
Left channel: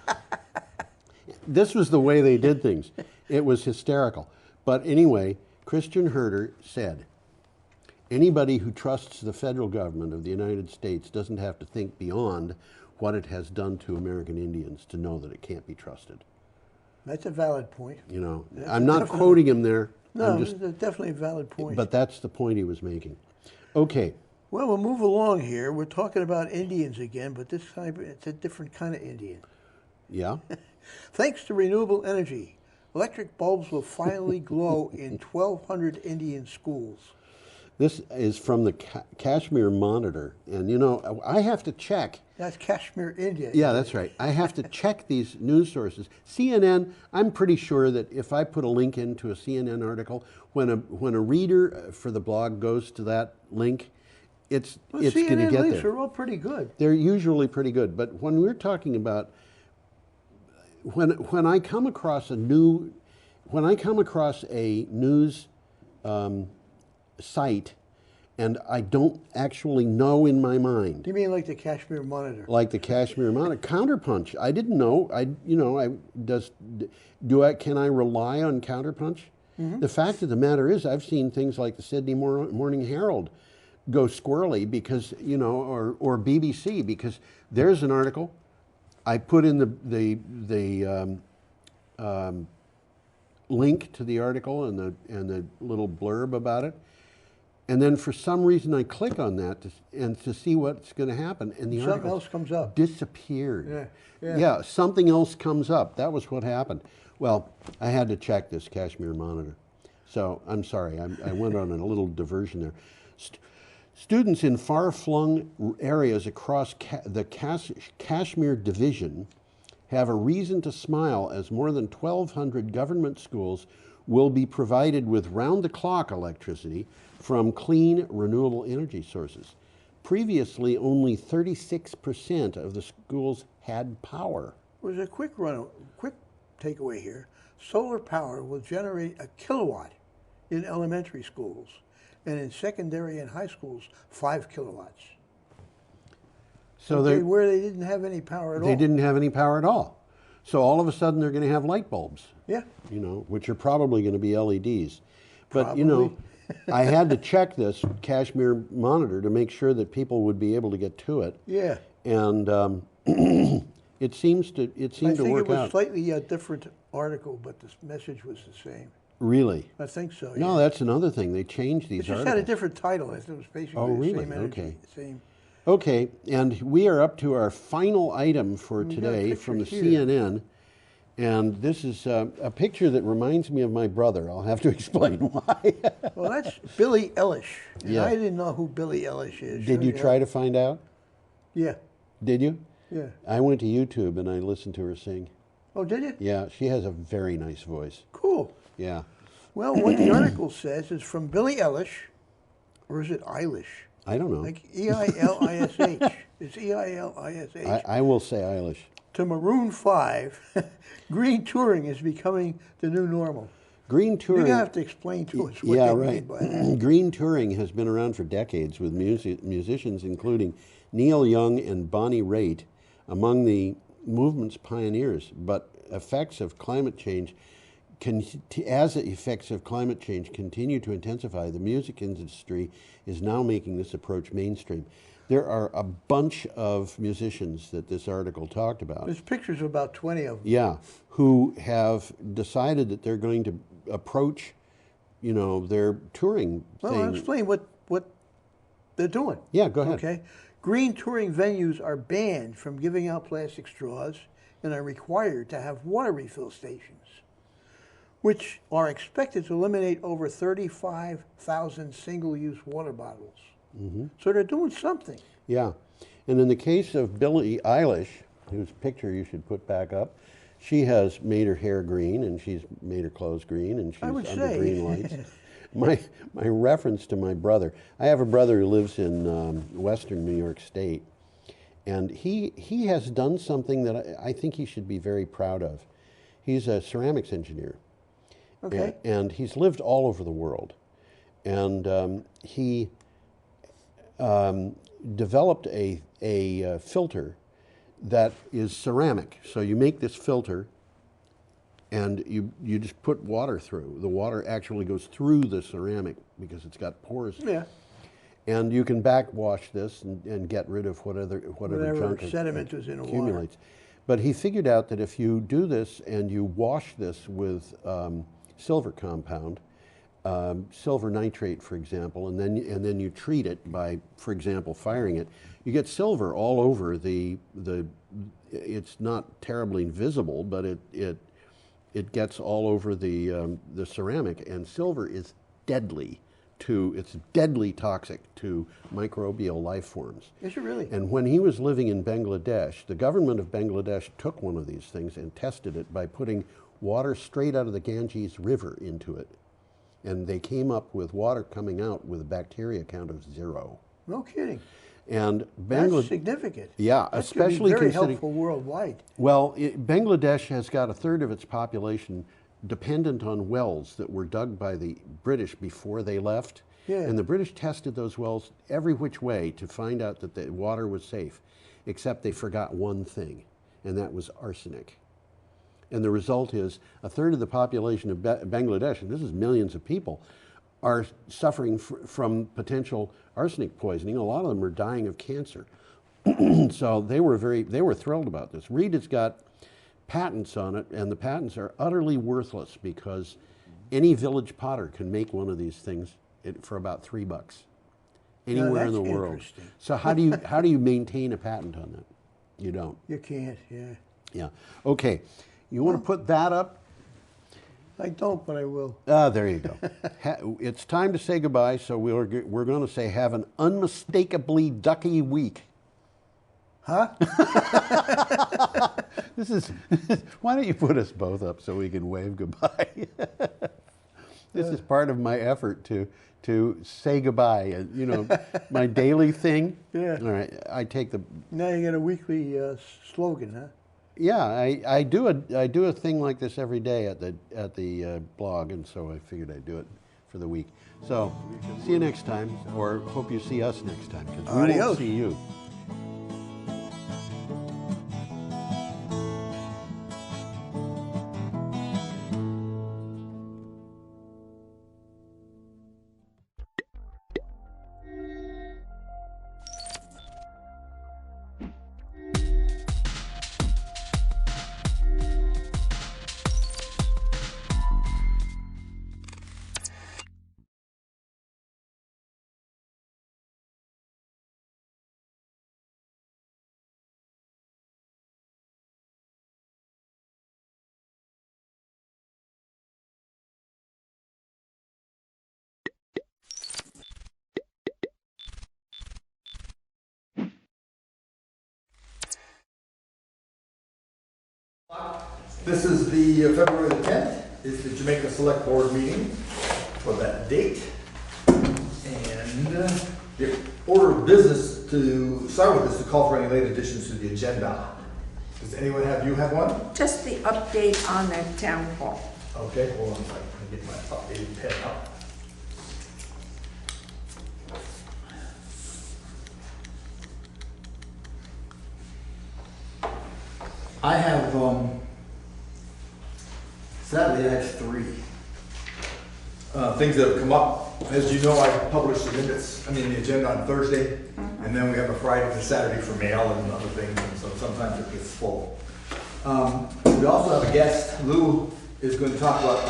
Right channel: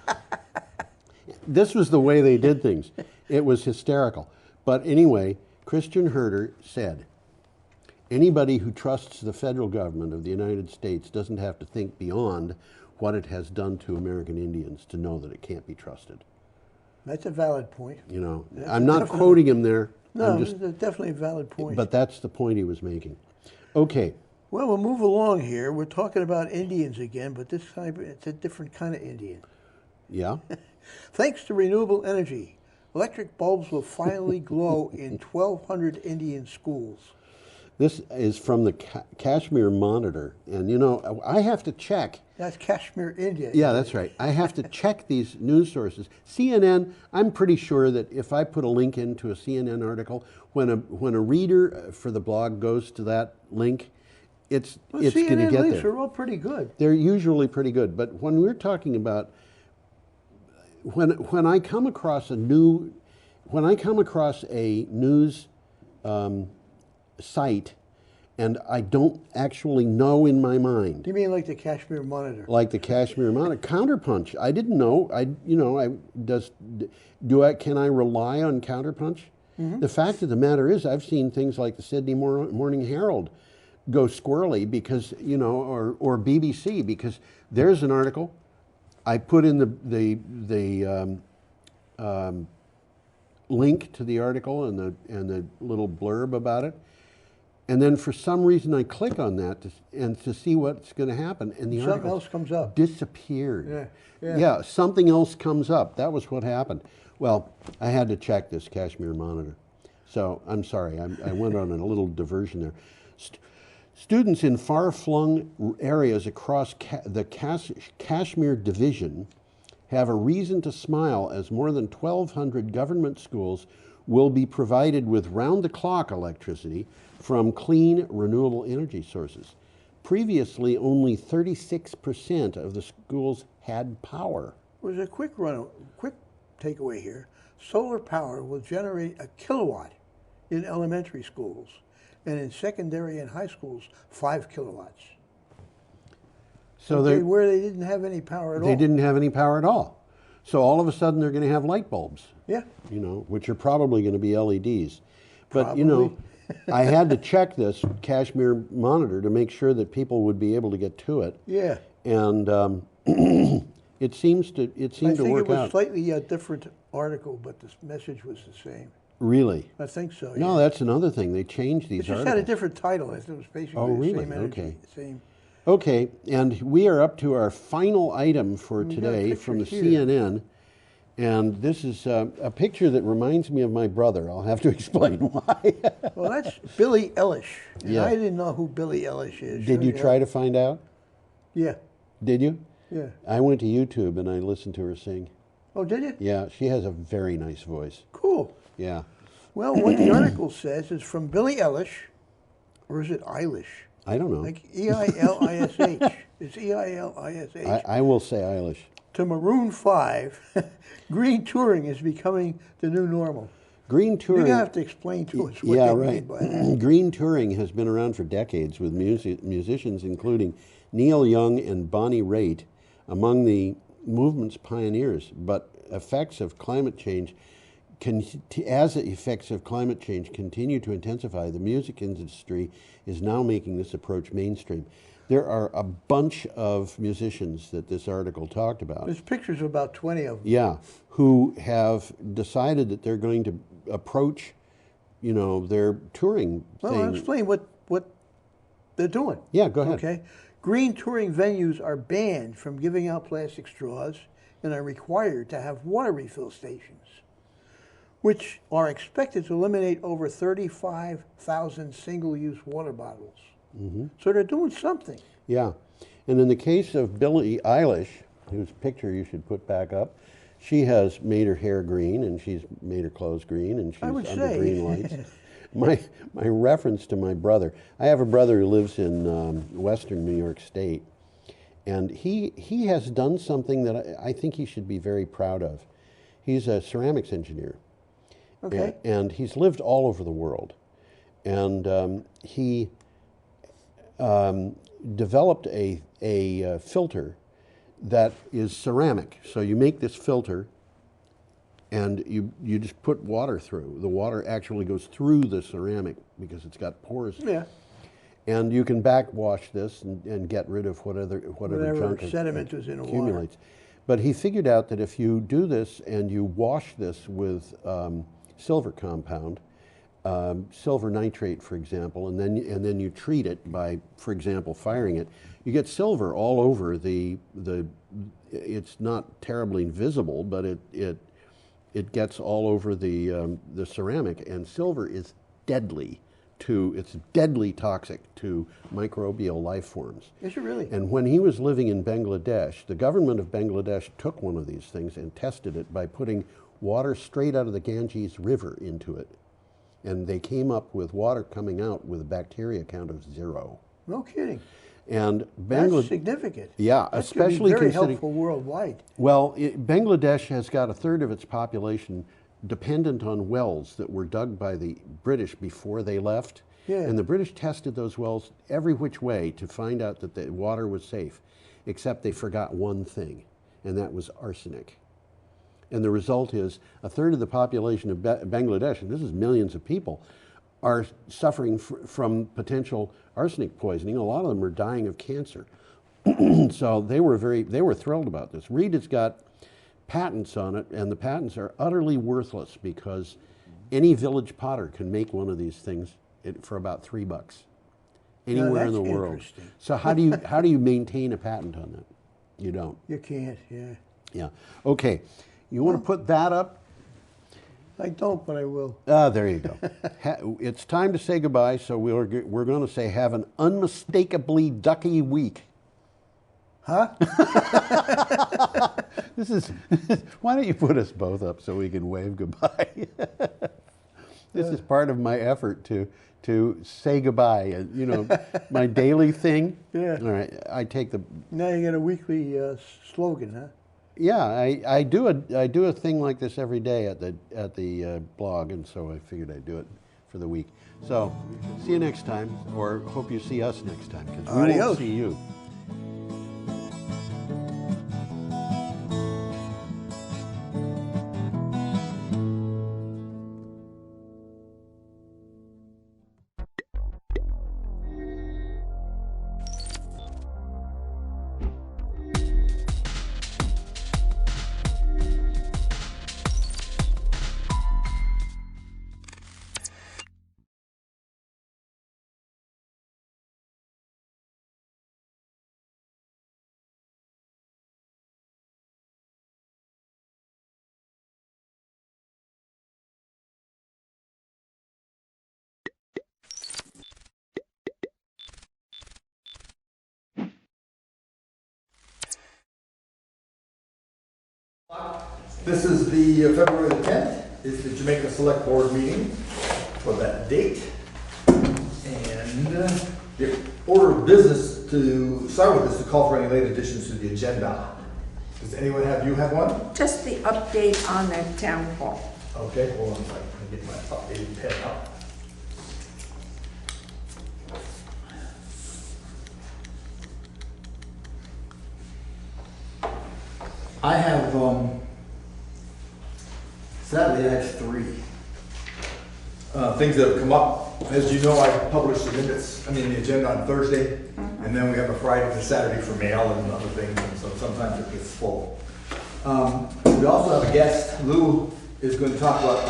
This was the way they did things. It was hysterical. But anyway, Christian Herter said, anybody who trusts the federal government of the United States doesn't have to think beyond what it has done to American Indians to know that it can't be trusted. That's a valid point. You know, I'm not quoting him there. No, it's definitely a valid point. But that's the point he was making. Okay. Well, we'll move along here. We're talking about Indians again, but this time it's a different kind of Indian. Yeah? Thanks to renewable energy, electric bulbs will finally glow in 1,200 Indian schools. This is from the Kashmir Monitor, and you know, I have to check. That's Kashmir, India. Yeah, that's right. I have to check these news sources. CNN, I'm pretty sure that if I put a link into a CNN article, when a reader for the blog goes to that link, it's going to get there. CNN links are all pretty good. They're usually pretty good, but when we're talking about when I come across a news site and I don't actually know in my mind. Do you mean like the Kashmir Monitor? Like the Kashmir Monitor. Counterpunch. I didn't know. Can I rely on Counterpunch? Mm-hmm. The fact of the matter is I've seen things like the Sydney Morning Herald go squirrely because, or BBC, because there's an article. I put in the link to the article and the little blurb about it, and then for some reason I click on that to see what's going to happen, and the something article else comes up. Disappeared. Yeah. Something else comes up. That was what happened. Well, I had to check this Kashmir Monitor, so I'm sorry. I went on a little diversion there. Students in far-flung areas across the Kashmir Division have a reason to smile as more than 1,200 government schools will be provided with round-the-clock electricity from clean, renewable energy sources. Previously, only 36% of the schools had power. There's a quick takeaway here. Solar power will generate a kilowatt in elementary schools. and in secondary and high schools, 5 kilowatts. So where they didn't have any power at all. They didn't have any power at all. So all of a sudden they're going to have light bulbs. Yeah. You know, which are probably going to be LEDs. But you know, I had to check this Kashmir monitor to make sure that people would be able to get to it. Yeah. And it seemed to work out. I think it was slightly a different article, but the message was the same. Really? I think so. No, yeah. that's another thing. They changed these It just articles. had a different title. It was basically Oh, really? the same energy. Okay. Same. Okay, and we are up to our final item for We got today from the pictures here. CNN. And this is a picture that reminds me of my brother. I'll have to explain why. Well, that's Billie Eilish. And Yeah. I didn't know who Billie Eilish is. Did you try to find out? Yeah. Did you? Yeah. I went to YouTube and I listened to her sing. Oh, did you? Yeah, she has a very nice voice. Cool. Yeah. Well, what the article says is from Billie Eilish, or is it Eilish? I don't know. Like E-I-L-I-S-H. It's E-I-L-I-S-H. I will say Eilish. To Maroon 5, green touring is becoming the new normal. Green touring. You're going to have to explain to us what Yeah, they right. mean by that. Green touring has been around for decades with musicians including Neil Young and Bonnie Raitt among the movement's pioneers. But effects of climate change, as the effects of climate change continue to intensify, the music industry is now making this approach mainstream. There are a bunch of musicians that this article talked about. There's pictures of about 20 of them. Yeah, who have decided that they're going to approach, you know, their touring Well, thing. I'll explain what they're doing. Yeah, go ahead. Okay. Green touring venues are banned from giving out plastic straws and are required to have water refill stations, which are expected to eliminate over 35,000 single-use water bottles. Mm-hmm. So they're doing something. Yeah, and in the case of Billie Eilish, whose picture you should put back up, she has made her hair green and she's made her clothes green and she's I would under say. green lights. My reference to my brother, I have a brother who lives in western New York State, and he has done something that I think he should be very proud of. He's a ceramics engineer. Okay. And he's lived all over the world. And he developed a filter that is ceramic. So you make this filter and you just put water through. The water actually goes through the ceramic because it's got pores. Yeah. And you can backwash this and get rid of whatever junk sediment is in the accumulates. But he figured out that if you do this and you wash this with silver compound, silver nitrate, for example, and then you treat it by, for example, firing it, you get silver all over the. It's not terribly visible, but it gets all over the ceramic, and silver is deadly. It's deadly toxic to microbial life forms. Is it really? And when he was living in Bangladesh, the government of Bangladesh took one of these things and tested it by putting water straight out of the Ganges River into it. And they came up with water coming out with a bacteria count of 0. No kidding. And That's significant. Yeah, That's especially very considering helpful worldwide. Well, Bangladesh has got a third of its population dependent on wells that were dug by the British before they left. Yeah. And the British tested those wells every which way to find out that the water was safe, except they forgot one thing, and that was arsenic. And the result is a third of the population of Bangladesh, and this is millions of people, are suffering from potential arsenic poisoning. A lot of them are dying of cancer. So they were thrilled about this. Reed has got patents on it, and the patents are utterly worthless because any village potter can make one of these things for about $3 anywhere in the world. So how do you maintain a patent on that? You don't. You can't. Yeah. Yeah. Okay. You want to put that up? I don't, but I will. There you go. It's time to say goodbye, so we're going to say have an unmistakably ducky week. Huh? Why don't you put us both up so we can wave goodbye? This is part of my effort to say goodbye. You know, my daily thing. Yeah. All right. I take the. Now you got a weekly slogan, huh? Yeah, I do a thing like this every day at the blog, and so I figured I'd do it for the week. So, see you next time, or hope you see us next time, because we Adios. won't see you. This is the February the 10th. It's the Jamaica Select Board meeting for that date. And the order of business to start with is to call for any late additions to the agenda. Does anyone have one? Just the update on the town hall. Okay, hold on a second. Let me get my updated pen up. I have, sadly, I have 3 things that have come up. As you know, I publish the minutes, the agenda on Thursday, and then we have a Friday and a Saturday for mail and other things, and so sometimes it gets full. We also have a guest. Lou is going to talk about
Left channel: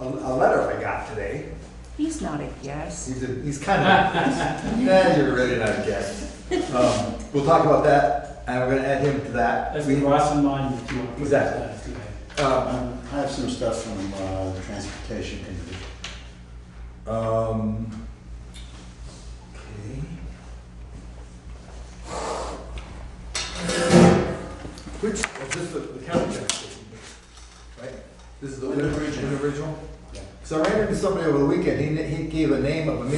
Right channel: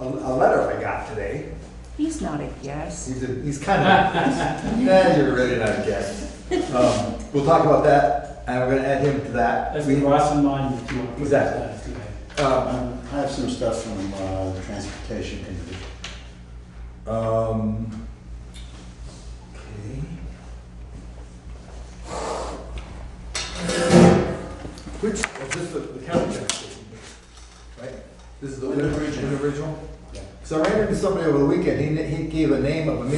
a letter I got today. He's not a guest. He's kind of, you're really not a guest. We'll talk about that, and we're going to add him to that. That's the cross in mind. Exactly. I have some stuff from the Transportation Committee. Okay. Which, is this the county transportation, right? This is the original? Yeah. So I ran into somebody over the weekend, he gave a name of a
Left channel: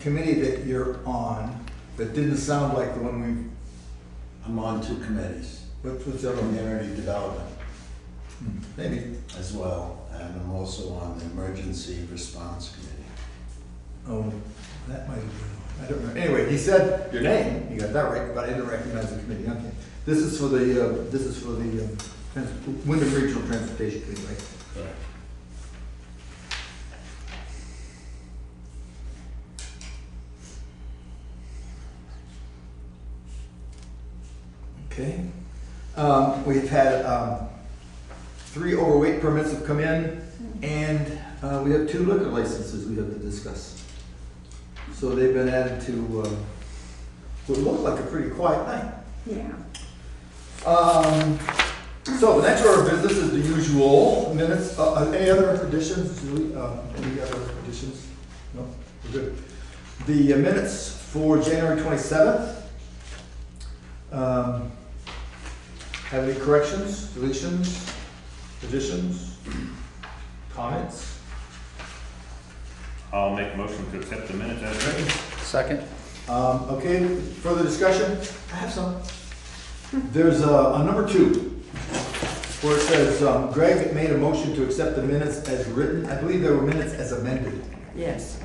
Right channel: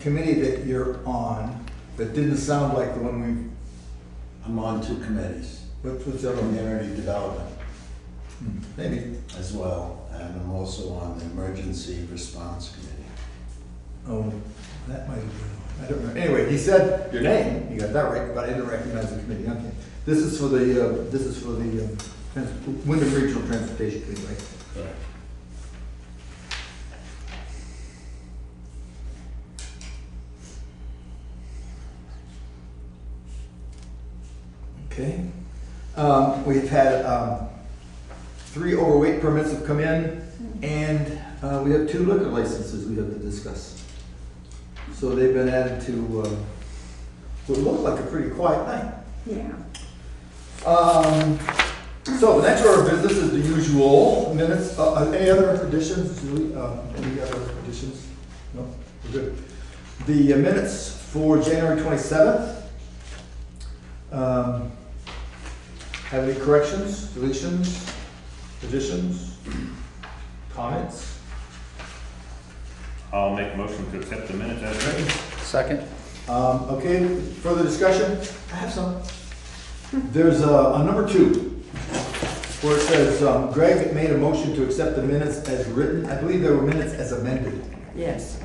committee that you're on, that didn't sound like the one I'm on 2 committees. What's the other one? Community Development. Maybe. As well, and I'm also on the Emergency Response Committee. Oh, that might have been, I don't know. Anyway, he said your name, you got that right, but I didn't recognize the committee. Okay. This is for the Wyndham Regional Transportation Committee, right? Correct. Okay. We've had 3 overweight permits have come in, and we have 2 liquor licenses we have to discuss. So they've been added to what looked like a pretty quiet night. Yeah. So the next order of business is the usual minutes. Any other additions, Julie? Any other additions? No? We're good. The minutes for January 27th. Have any corrections, deletions, additions, comments? I'll make a motion to accept the minutes as written. Second. Okay, further discussion? I have some. There's a number 2, where it says, Greg made a motion to accept the minutes as written. I believe there were minutes as amended. Yes.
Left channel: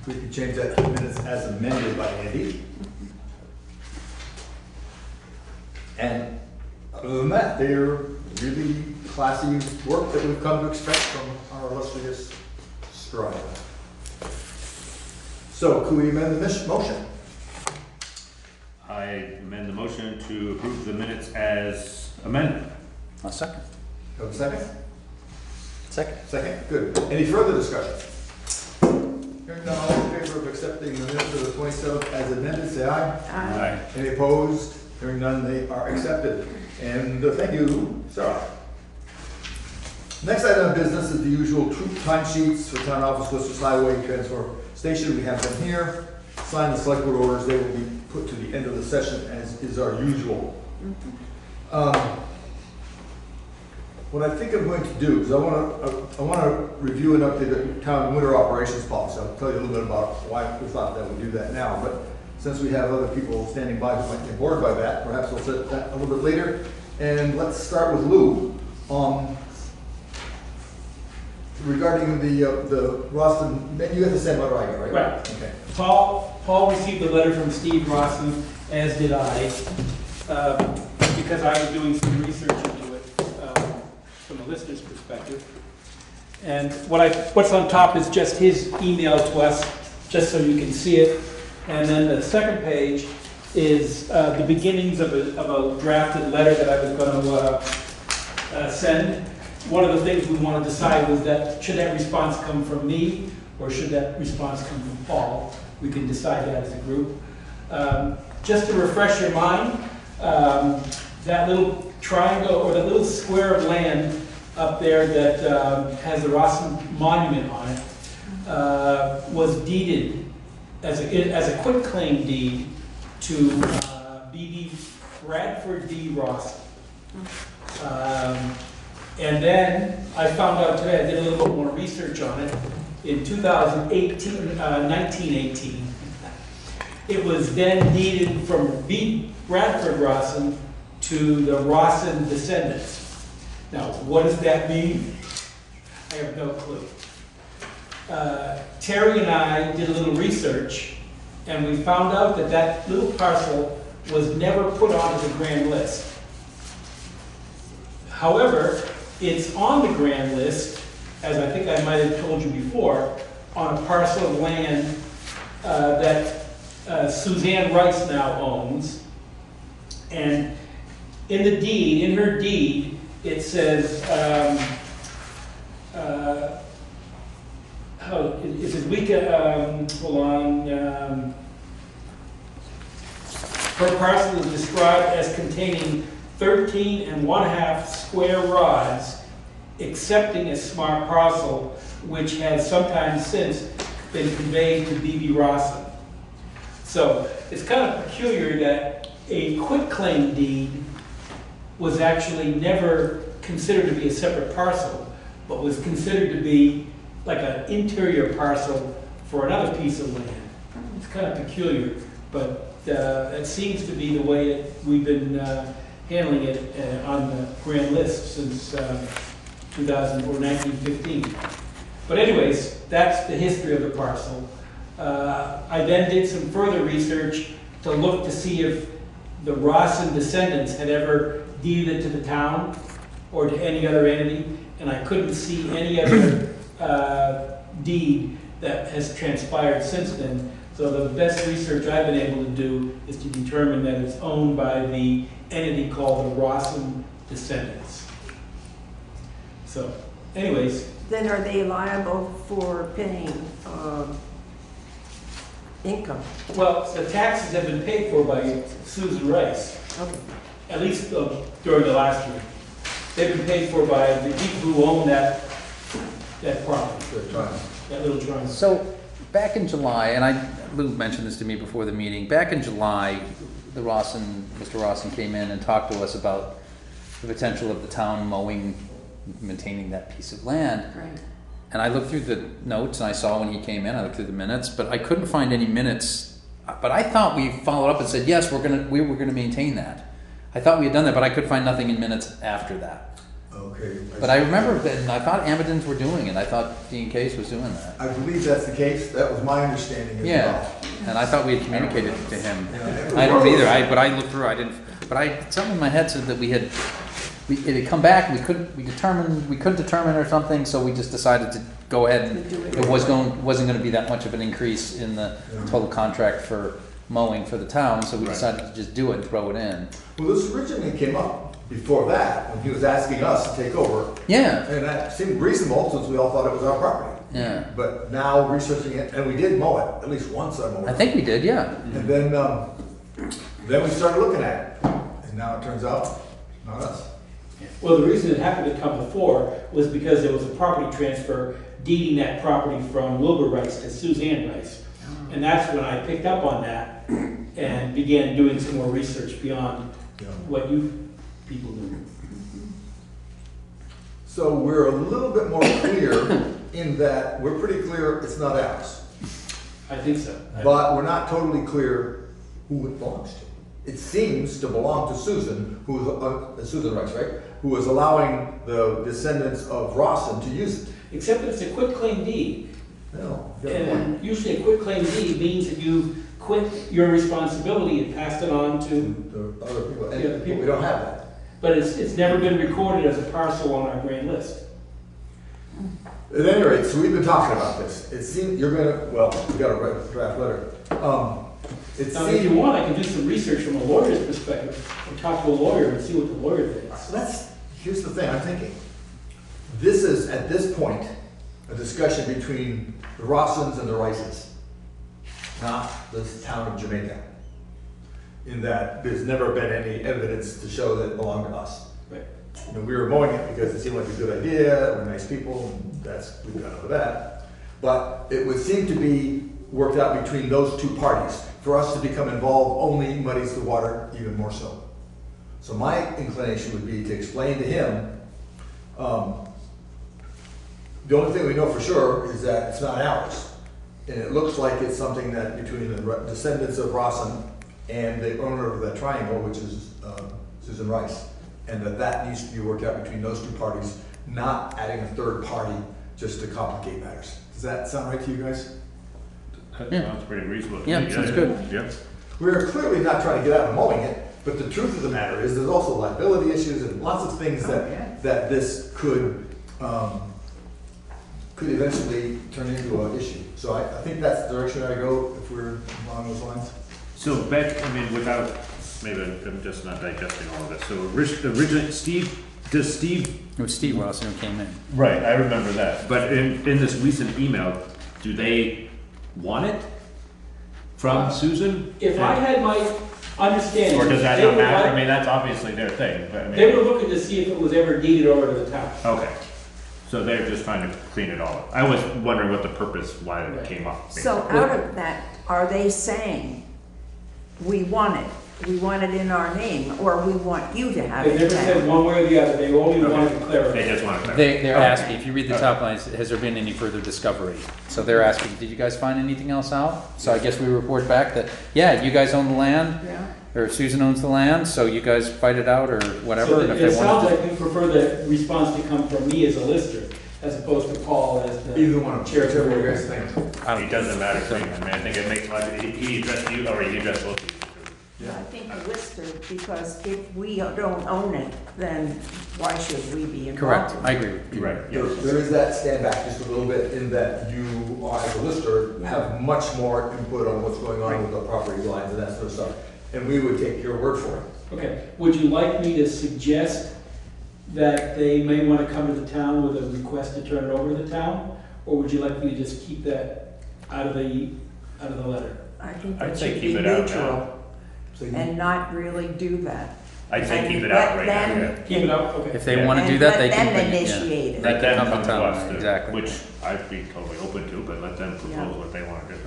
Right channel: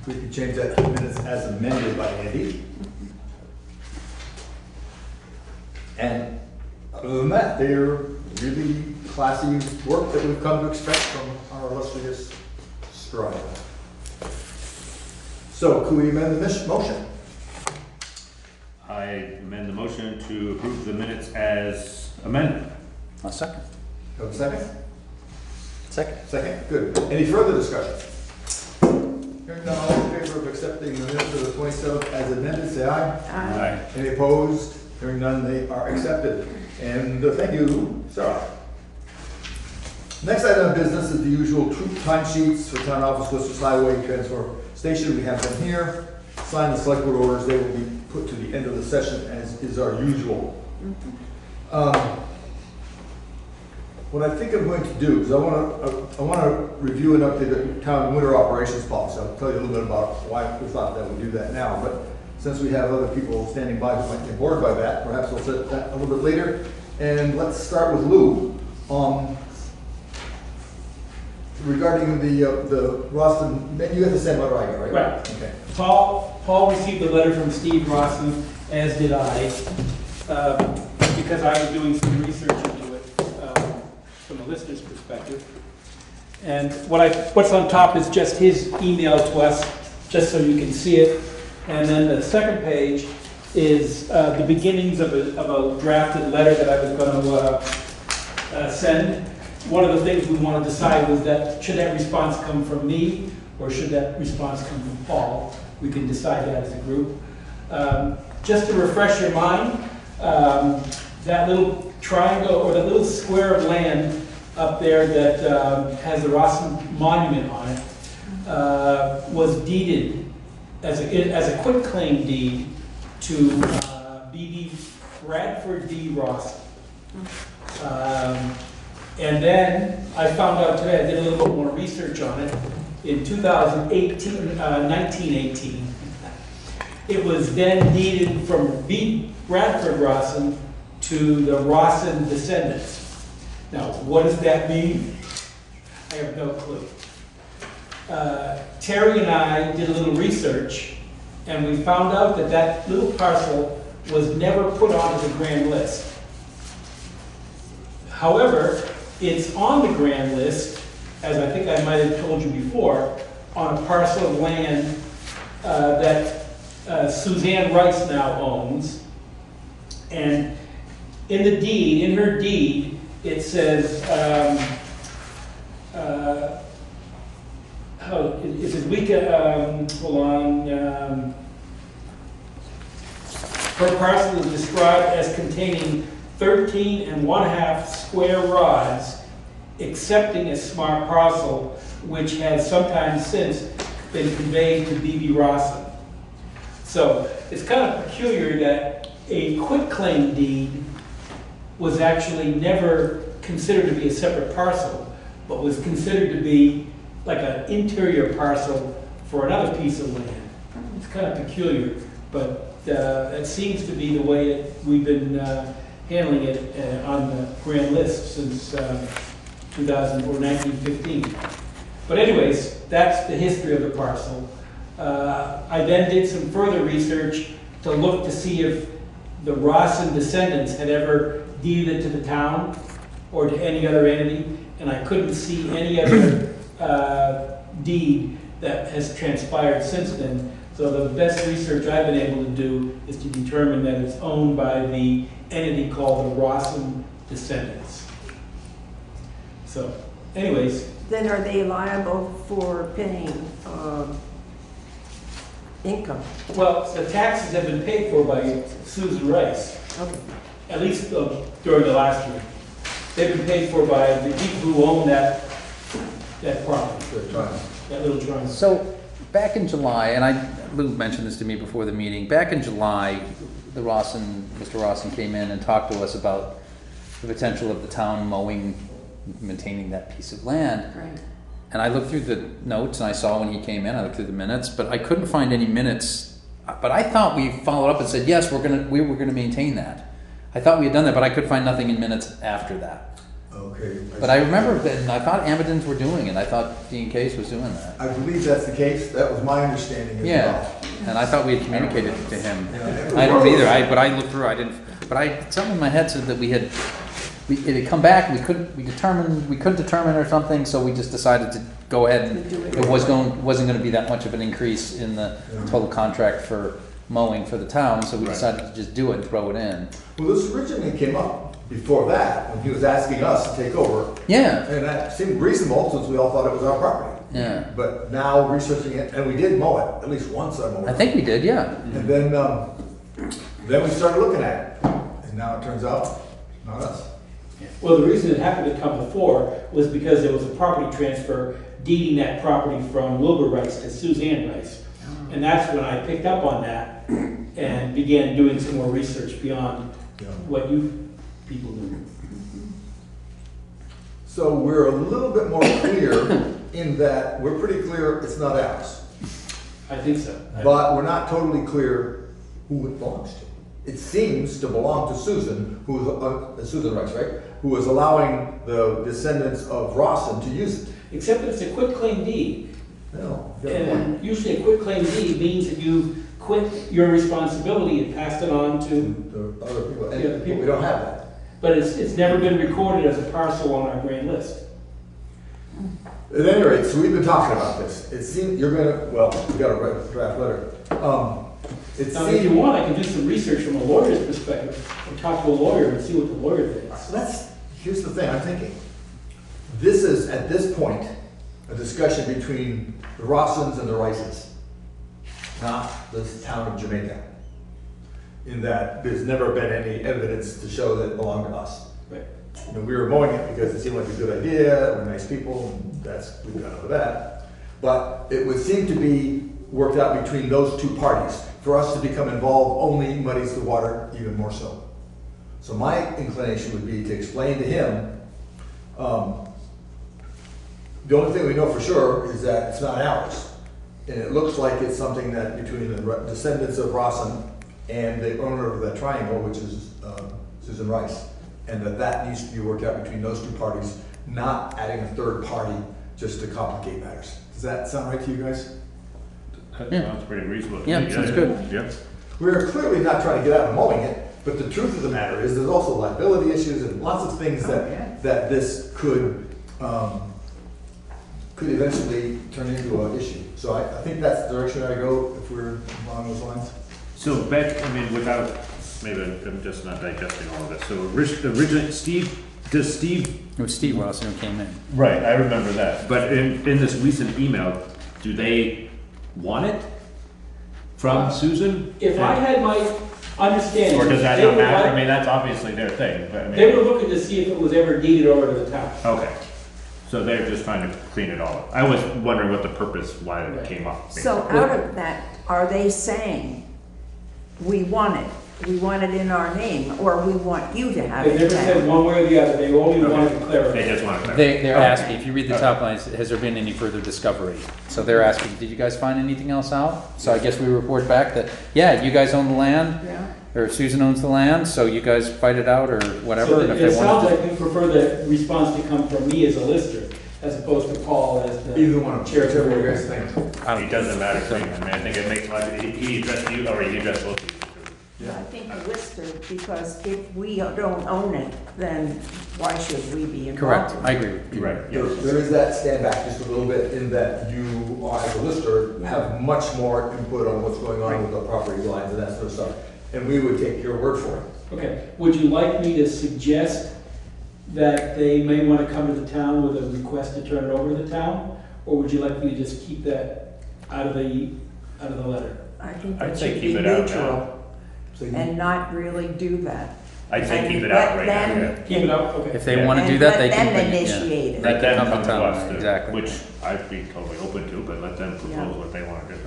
If we could change that to minutes as amended by Andy. And other than that, they're really classy work that we've come to expect from our illustrious scribe. So, could we amend the motion? I amend the motion to approve the minutes as amended. A second. Have a second? Second. Second, good. Any further discussion? Hearing none, all in favor of accepting the minutes of the 27th as amended, say aye. Aye. Any opposed? Hearing none, they are accepted. And thank you, Sarah. Next item of business is the usual timesheets for town office, Worcester Highway Transfer Station. We have them here. Sign the select board orders. They will be put to the end of the session, as is our usual. What I think I'm going to do is I want to review and update the town winter operations policy. I'll tell you a little bit about why we thought that we'd do that now. But since we have other people standing by who might get bored by that, perhaps we'll set that a little bit later. And let's start with Lou. regarding the Roston, you got the same letter I got, right? Right. Okay. Paul received a letter from Steve Rosson, as did I, because I was doing some research into it from a listener's perspective. And what's on top is just his email to us, just so you can see it. And then the second page is the beginnings of a drafted letter that I was going to send. One of the things we want to decide was that should that response come from me or should that response come from Paul? We can decide that as a group. Just to refresh your mind, that little triangle or that little square of land up there that has the Rosson Monument on it was deeded as a quitclaim deed to B.B. Bradford D. Rosson. And then I found out today, I did a little bit more research on it, in 1918, it was then deeded from B. Bradford Rosson to the Rosson descendants. Now, what does that mean? I have no clue. Terry and I did a little research, and we found out that that little parcel was never put onto the grand list. However, it's on the grand list, as I think I might have told you before, on a parcel of land that Suzanne Rice now owns. And in the deed, in her deed, it says, it says we can, hold on, her parcel is described as containing 13.5 square rods, excepting a smart parcel, which has sometime since been conveyed to B.B. Rosson. So it's kind of peculiar that a quitclaim deed was actually never considered to be a separate parcel, but was considered to be like an interior parcel for another piece of land. It's kind of peculiar, but it seems to be the way that we've been handling it on the grand list since 2000 or 1915. But anyways, that's the history of the parcel. I then did some further research to look to see if the Rosson descendants had ever deeded it to the town or to any other entity, and I couldn't see any other deed that has transpired since then. So the best research I've been able to do is to determine that it's owned by the entity called the Rosson descendants. So, anyways. Then are they liable for paying income? Well, the taxes have been paid for by Susan Rice. Okay. At least during the last year. They've been paid for by the people who own that property. That little triangle. So, back in July, and Lou mentioned this to me before the meeting, back in July, Mr. Rosson came in and talked to us about the potential of the town mowing, maintaining that piece of land. Right. And I looked through the notes, and I saw when he came in, I looked through the minutes, but I couldn't find any minutes. But I thought we followed up and said, yes, we were gonna maintain that. I thought we had done that, but I could find nothing in minutes after that. Okay. But I remember that, and I thought Amidon's were doing it. I thought Dean Case was doing that. I believe that's the case. That was my understanding as well. And I thought we had communicated to him. I don't either. But I looked through. I didn't. But something in my head said that it had come back. We couldn't determine or something. So we just decided to go ahead and it wasn't going to be that much of an increase in the total contract for mowing for the town. So we decided to just do it and throw it in. Well, this originally came up before that when he was asking us to take over. Yeah. And that seemed reasonable since we all thought it was our property. Yeah. But now researching it, and we did mow it at least once. I think we did, yeah. And then we started looking at it, and now it turns out not us. Well, the reason it happened to come before was because there was a property transfer deeding that property from Wilbur Rice to Suzanne Rice. And that's when I picked up on that and began doing some more research beyond what you people knew. So we're a little bit more clear in that we're pretty clear it's not ours. I think so. But we're not totally clear who it belongs to. It seems to belong to Susan, who's Susan Rice, right? Who is allowing the descendants of Rosson to use it. except that it's a quitclaim deed. No, you got a point. And usually a quitclaim deed means that you quit your responsibility and passed it on to The other people, the other and people. we don't have that. But it's never been recorded as a parcel on our grand list. At any rate, so we've been talking about this. It seems, you're gonna, well, we got a draft letter. It Now, if you seems, want, I can do some research from a lawyer's perspective and talk to a lawyer and see what the lawyer thinks. so here's the thing, I'm thinking. This is, at this point, a discussion between the Rossins and the Rices, not the town of Jamaica. In that there's never been any evidence to show that it belonged to us. Right. You know, we were mowing it because it seemed like a good idea, we're nice people, and we've got over that. But it would seem to be worked out between those two parties. For us to become involved only muddies the water even more so. So my inclination would be to explain to him, the only thing we know for sure is that it's not ours. And it looks like it's something that between the descendants of Rossin and the owner of that triangle, which is Susan Rice, and that needs to be worked out between those two parties, not adding a third party just to complicate matters. Does that sound right to you guys? That Yeah. sounds pretty reasonable. Yeah, sounds good. Yep. We're clearly not trying to get out and mowing it, but the truth of the matter is there's also liability issues and lots of things that this could eventually turn into an issue. So I think that's the direction I go if we're along those lines. So Beck, I mean, without, maybe I'm just not digesting all of this. So originally, Steve, It was Steve Rossin who came in. right, I remember that. But in this recent email, do they want it from Susan? If I had my understanding. Or does that they not would matter? like- I mean, that's obviously their thing, but I mean. They were looking to see if it was ever deeded over to the town. Okay. So they're just trying to clean it all up. I was wondering what the purpose, why it came up. So out of that, are they saying, we want it in our name, or we want you to have They it never said back? one way or the other, they only wanted to clarify. They just want to clarify. They're asking, if you read the top lines, has there been any further discovery? So they're asking, did you guys find anything else out? So I guess we report back that, yeah, you guys own the land, or Susan owns the land, so you guys fight it out or whatever. So And if it they sounds want like you prefer the response to come from me as a lister, as opposed to Paul as the. Either one of them, chair of the whichever you board. guys think. It doesn't matter to me. I mean, I think it makes life, he addressed you, or he addressed both of you. I think a lister, because if we don't own it, then why should we be involved? Correct, in I it? agree with you. Right, There is that stand back just a little bit in that you, as a lister, have much more input on what's going on with the property lines and that sort of stuff. And we would take your word for it. Okay, would you like me to suggest that they may want to come to the town with a request to turn it over to the town? Or would you like me to just keep that out of the letter? I think I'd that say should keep be it out neutral and not really do that. I'd say And keep it out let right now. them- yeah. Keep it up, okay. If they want to do that, they can. And let them yeah. initiate it. They Let can them come come to to town, us, exactly. which I'd be totally open to, but let them propose what they want to do.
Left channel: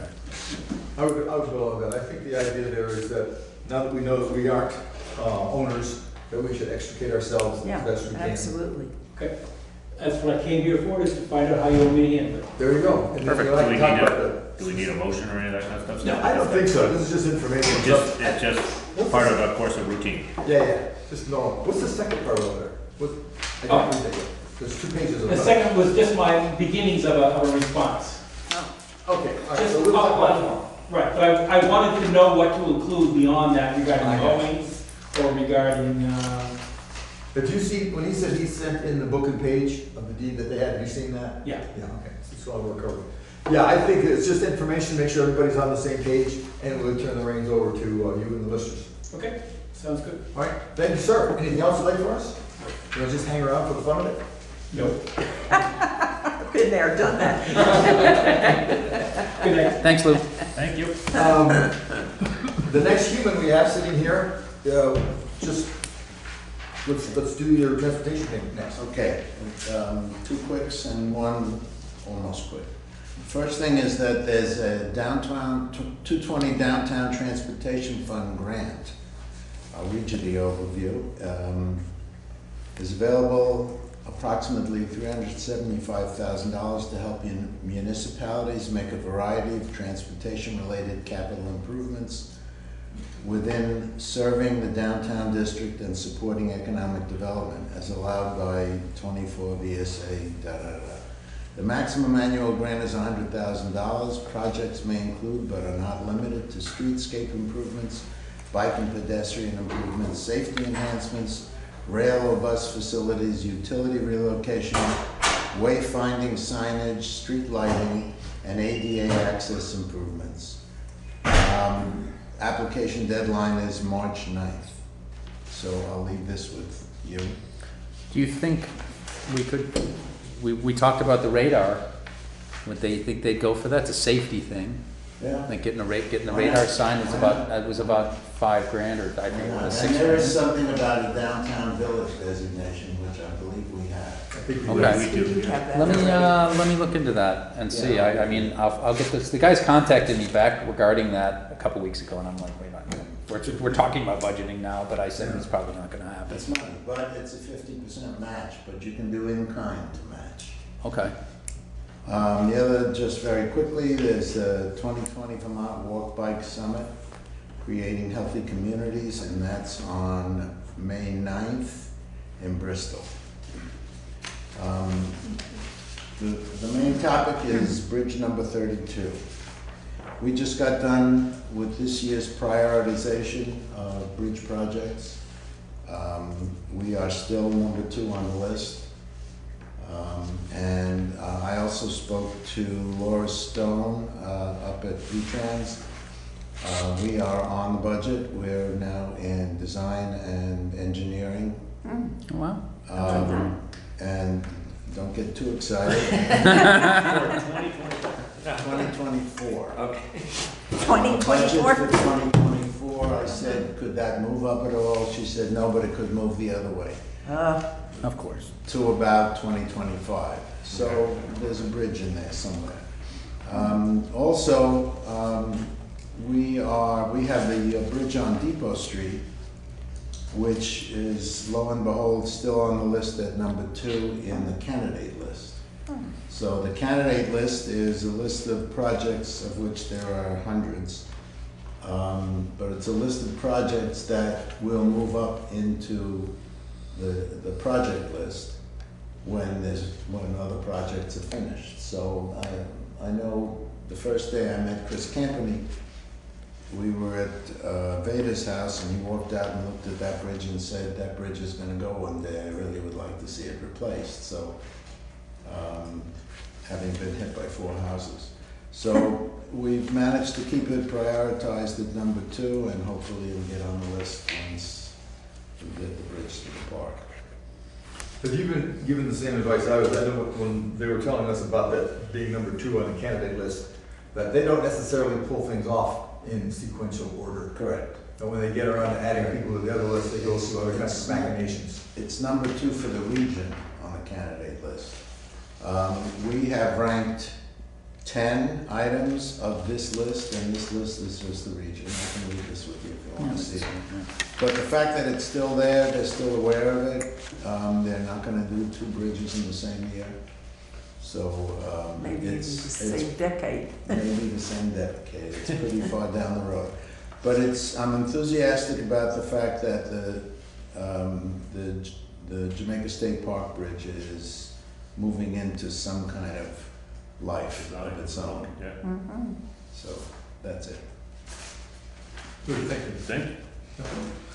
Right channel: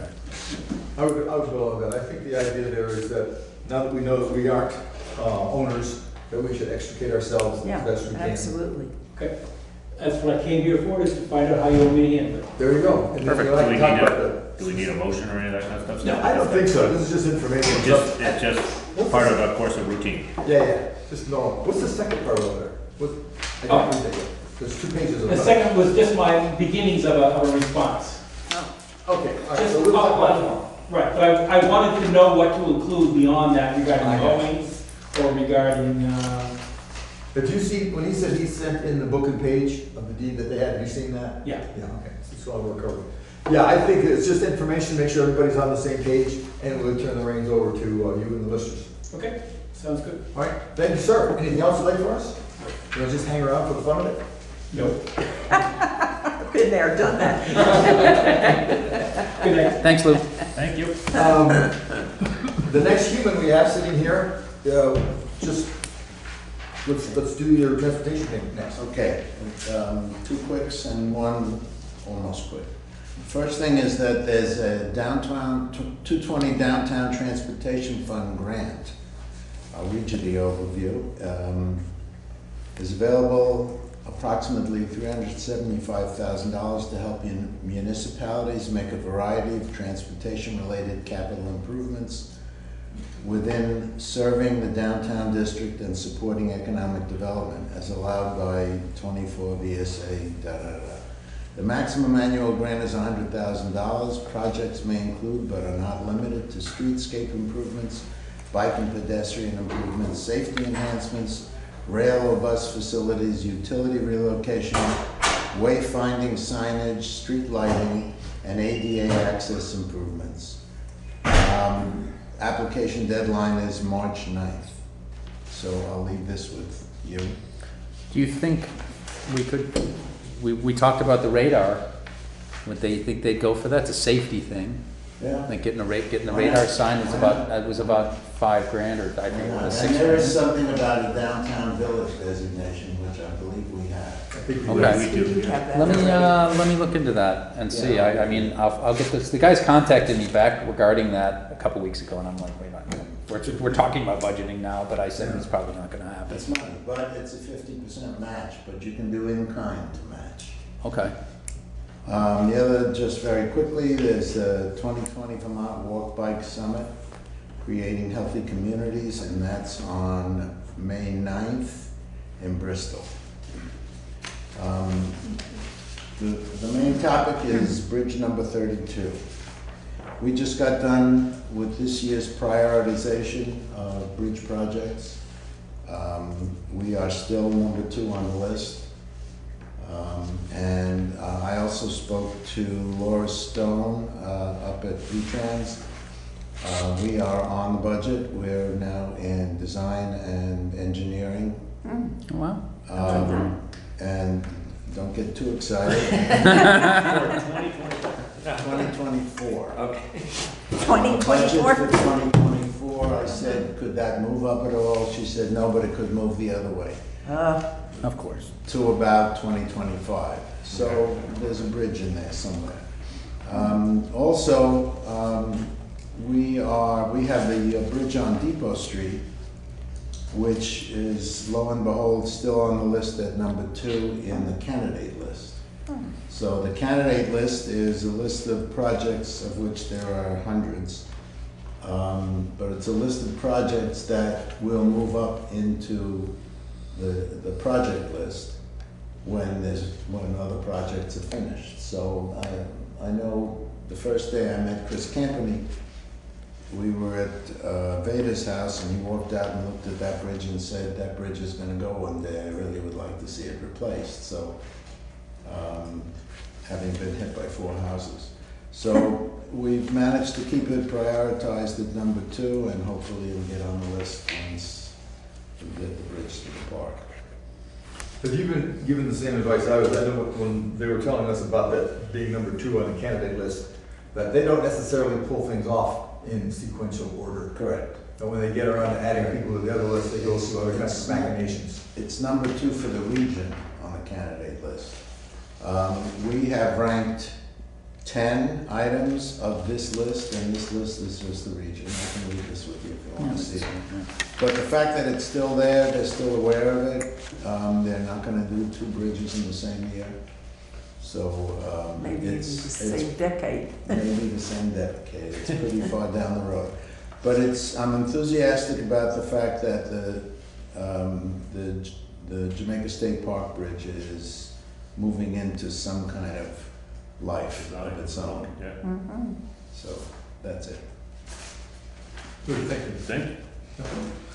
I would go along with that. I think the idea there is that now that we know that we aren't owners, that we should extricate ourselves Yeah, as best we can. absolutely. Okay, that's what I came here for, is to find out how you want me to handle it. There you go. And then Perfect. we'll have Do we to talk need about a, do we need a motion or any of that kind of stuff? No, I don't think so. This is just information. It's just part of a course of routine. Yeah. Just no. What's the second part over there? I Oh. didn't read that yet. There's 2 pages of The it. second was just my beginnings of a response. Okay. All right. Just So we'll talk about it outline- tomorrow. Right, but I wanted to know what to include beyond that regarding I got you. mowing or regarding, Did you see, when he said he sent in the book and page of the deed that they had, have you seen that? yeah. Yeah, okay, so it's all we're covering. Yeah, I think it's just information, make sure everybody's on the same page, and we'll turn the reins over to you and the listeners. Okay, sounds good. All right, thank you, sir. Anything else you'd like for us? You want to just hang around for the fun of it? Nope. Been there, done that. Good night. Thanks, Lou. Thank you. The next human we have sitting here, just, let's do your transportation thing next. Okay, 2 quicks and 1 almost quick. First thing is that there's a 220 Downtown Transportation Fund grant. I'll read you the overview. Is available approximately $375,000 to help municipalities make a variety of transportation-related capital improvements within serving the downtown district and supporting economic development as allowed by 24 VSA . The maximum annual grant is $100,000. Projects may include but are not limited to streetscape improvements, bike and pedestrian improvements, safety enhancements, rail or bus facilities, utility relocation, wayfinding signage, street lighting, and ADA access improvements. Application deadline is March 9th. So I'll leave this with you. Do you think we could, we talked about the radar. Would they think they'd go for that? It's a safety thing. Yeah. Like getting the radar sign was about $5,000 or I think it was And there is $6,000. something about a downtown village designation, which I believe we have. Okay. Let me look into that and see. Yeah. I mean, I'll get this. The guys contacted me back regarding that a couple weeks ago, and I'm like, wait a minute. We're talking about budgeting now, but I said it's probably not going to happen. It's money, but it's a 50% match, but you can do in kind to match. Okay. The other, just very quickly, there's the 2020 Vermont Walk Bike Summit, Creating Healthy Communities, and that's on May 9th in Bristol. The main topic is bridge number 32. We just got done with this year's prioritization of bridge projects. We are still number 2 on the list. And I also spoke to Laura Stone up at V-Trans. We are on the budget. We're now in design and engineering. Wow. And don't get too excited. 2024. Okay. Budget 2024? for 2024, I said, could that move up at all? She said, no, but it could move the other way. Of course. To about 2025. So there's a bridge in there somewhere. We have the bridge on Depot Street, which is, lo and behold, still on the list at number 2 in the candidate list. So the candidate list is a list of projects of which there are hundreds. But it's a list of projects that will move up into the project list when other projects are finished. So I know the first day I met Chris Campany, we were at Veda's house, and he walked out and looked at that bridge and said, that bridge is going to go one day. I really would like to see it replaced. So, having been hit by 4 houses. So we've managed to keep it prioritized at number 2, and hopefully it'll get on the list once we get the bridge to the park. Have you been given the same advice I was? I know when they were telling us about that being number 2 on the candidate list, that they don't necessarily pull things off in sequential order. Correct. But when they get around to adding people to the other list, they go through other kinds of machinations. It's number 2 for the region on the candidate list. We have ranked 10 items of this list, and this list is just the region. I can leave this with you if you want to see it. But the fact that it's still there, they're still aware of it. They're not going to do 2 bridges in the same year. So maybe it's the same decade. Maybe the same decade. It's pretty far down the road. But I'm enthusiastic about the fact that the Jamaica State Park Bridge is moving into some kind of life of its own. Yeah. Mm-hmm. So that's it. Good, thank you. Thank you.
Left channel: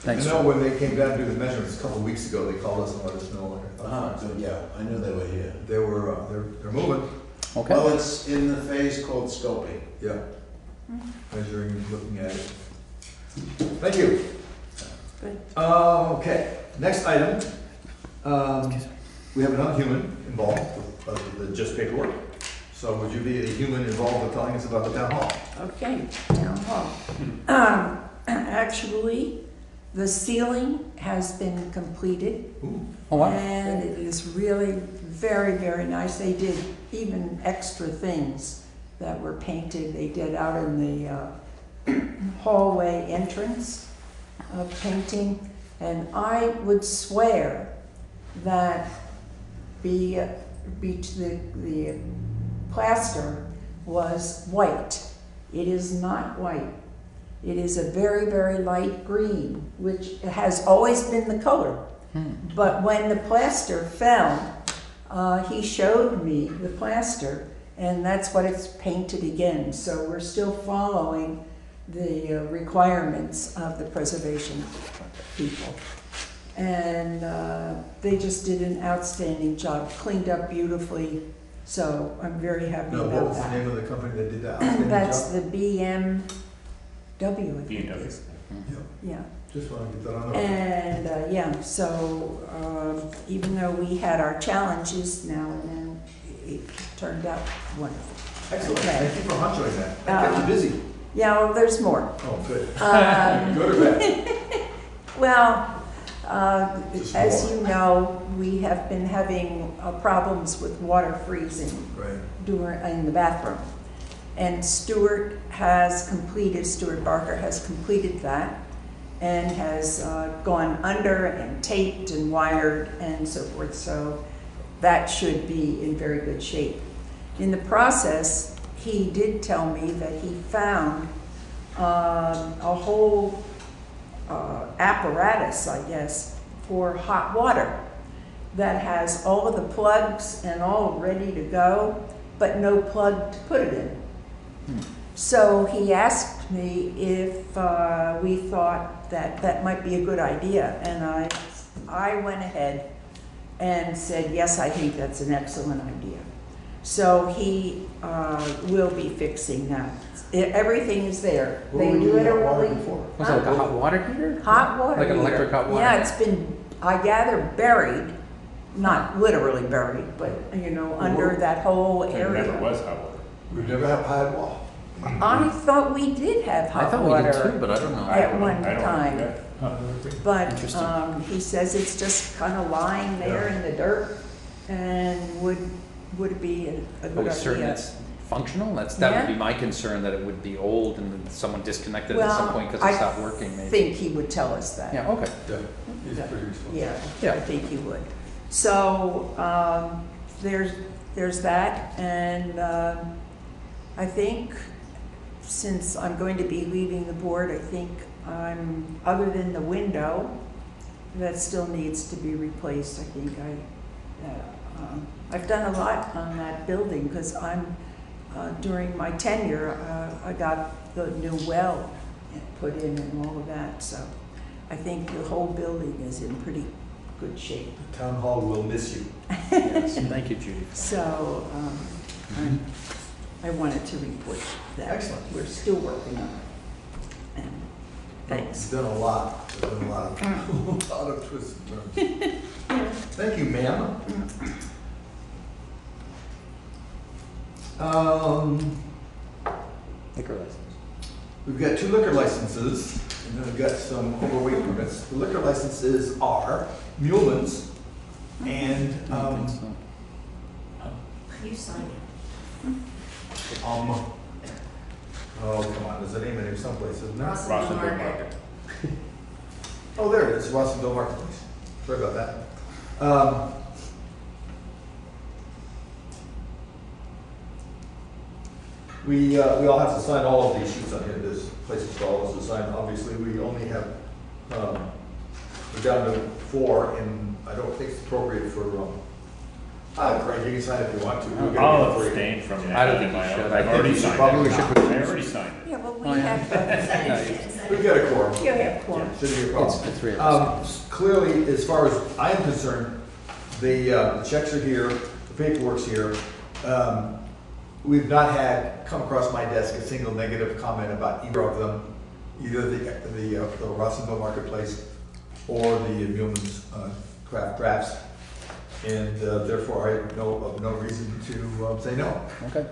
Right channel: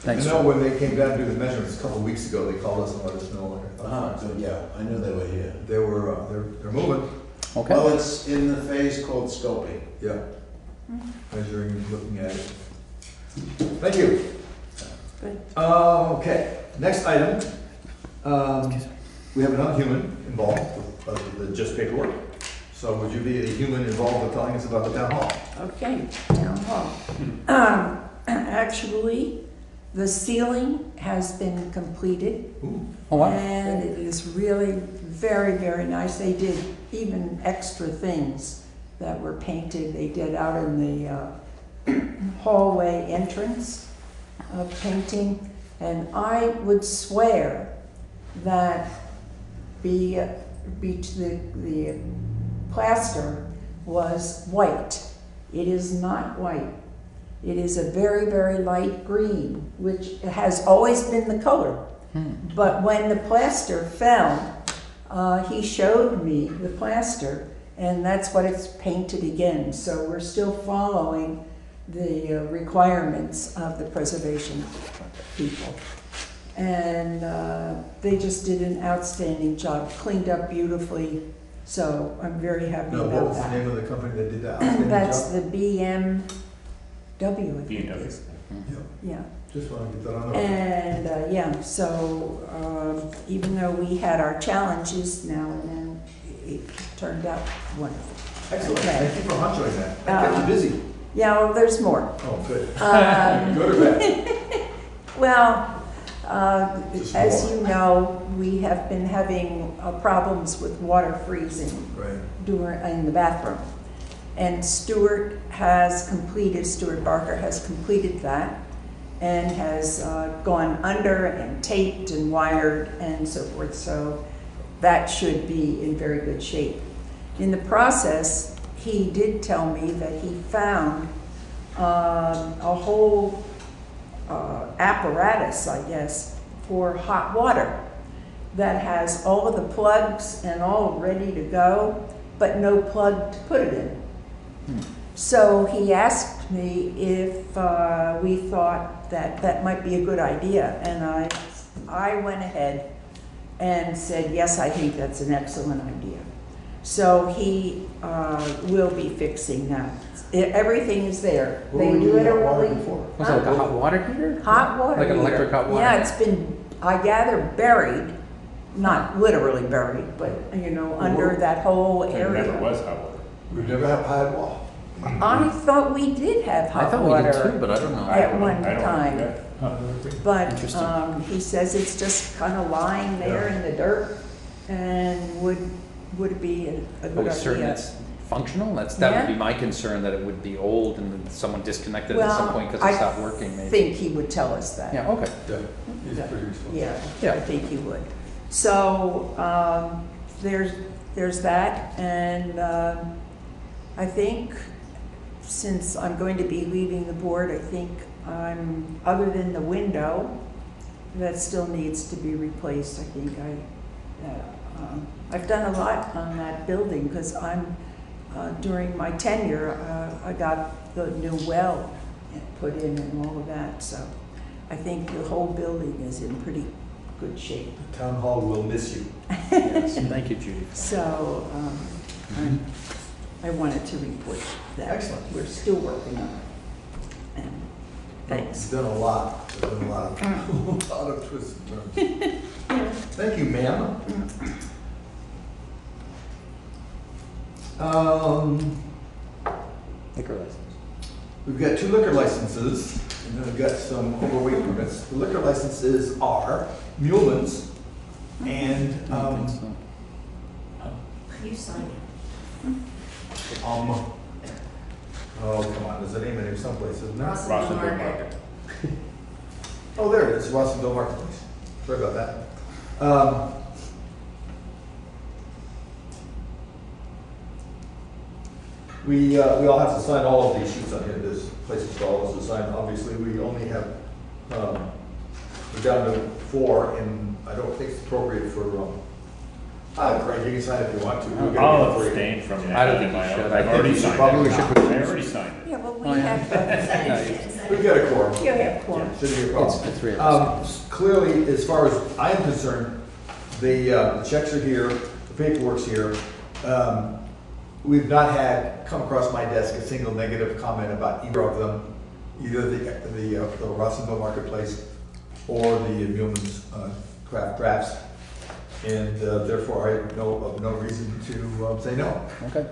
Thanks. I know when they came down to do the measurements a couple of weeks ago, they called us and let us know. Good, yeah, I knew they were here. They're moving. Okay. Well, it's in the phase called scoping. Yeah. Measuring and looking at it. Thank you. Good. Okay, next item. We have another human involved with just paperwork. So would you be a human involved with telling us about the town hall? Okay, town hall. Actually, the ceiling has been completed. Ooh. Oh, wow. And it is really very, very nice. They did even extra things that were painted. They did out in the hallway entrance painting. And I would swear that the plaster was white. It is not white. It is a very, very light green, which has always been the color. But when the plaster fell, he showed me the plaster, and that's what it's painted again. So we're still following the requirements of the preservation people. And they just did an outstanding job, cleaned up beautifully. So I'm very happy No, what about was the that. name of the company that did that outstanding That's job? the BMW, I think it BMW. is. Yeah. Just want to get that on the. And yeah, so even though we had our challenges now and then, it turned out wonderful. Excellent, Okay. thank you for honchoing that. That kept you busy. Yeah, well, there's more. Oh, good. Good or bad? Well, Just as more. you know, we have been having problems with water freezing in the bathroom. And Stuart Barker has completed that and has gone under and taped and wired and so forth. So that should be in very good shape. In the process, he did tell me that he found a whole apparatus, I guess, for hot water that has all of the plugs and all ready to go, but no plug to put it in. So he asked me if we thought that that might be a good idea, and I went ahead and said, yes, I think that's an excellent idea. So he will be fixing that. Everything is there. What were we doing that water literally before? Was it like a hot water heater? Hot water Like an heater. electric hot water? Yeah, it's been, I gather, buried, not literally buried, but, you know, under that whole There area. never was hot water. We've never had hot water. I thought we did have I hot thought we water did too, but I don't know. at one I don't time. know. But Interesting. he says it's just kind of lying there in the dirt, and would be a Are good we certain idea. it's functional? That would be Yeah. my concern, that it would be old and then someone disconnected at some point because it stopped working, I maybe. think he would tell us that. Yeah, okay. He's pretty responsible. Yeah, I think he would. So there's that, and I think since I'm going to be leaving the board, I think other than the window, that still needs to be replaced. I think I've done a lot on that building because during my tenure, I got the new well put in and all of that. So I think the whole building is in pretty good shape. The town hall will miss you. Yes, thank you, Judy. So I wanted to report that. Excellent. We're still working on it. And thanks. You've done a lot. There's been a lot of twists and turns. Thank you, ma'am. Liquor license. We've got 2 liquor licenses, and then we've got some overweight permits. The liquor licenses are Muleman's and You sign it. oh, come on, there's a name in here someplace, isn't there? Rossendale Market. Oh, there it is, Rossendale Marketplace. Sorry about that. We all have to sign all of these sheets on here. There's places for all of us to sign. Obviously, we only have, we're down to 4, and I don't think it's appropriate for, Craig, you can sign if you want to. We'll get it I'll for you. abstain from the. I don't think you should. I've already signed it. Probably we should put- I already signed it. Yeah, well, we Oh, yeah. have We've got a quorum. You have quorum. Shouldn't be a problem. It's the 3 of us. Clearly, as far as I'm concerned, the checks are here, the paperwork's here. We've not come across my desk a single negative comment about either of them, either the Rossendale Marketplace or the Muleman's Craft Drafts. And therefore, I know of no reason to say no. Okay.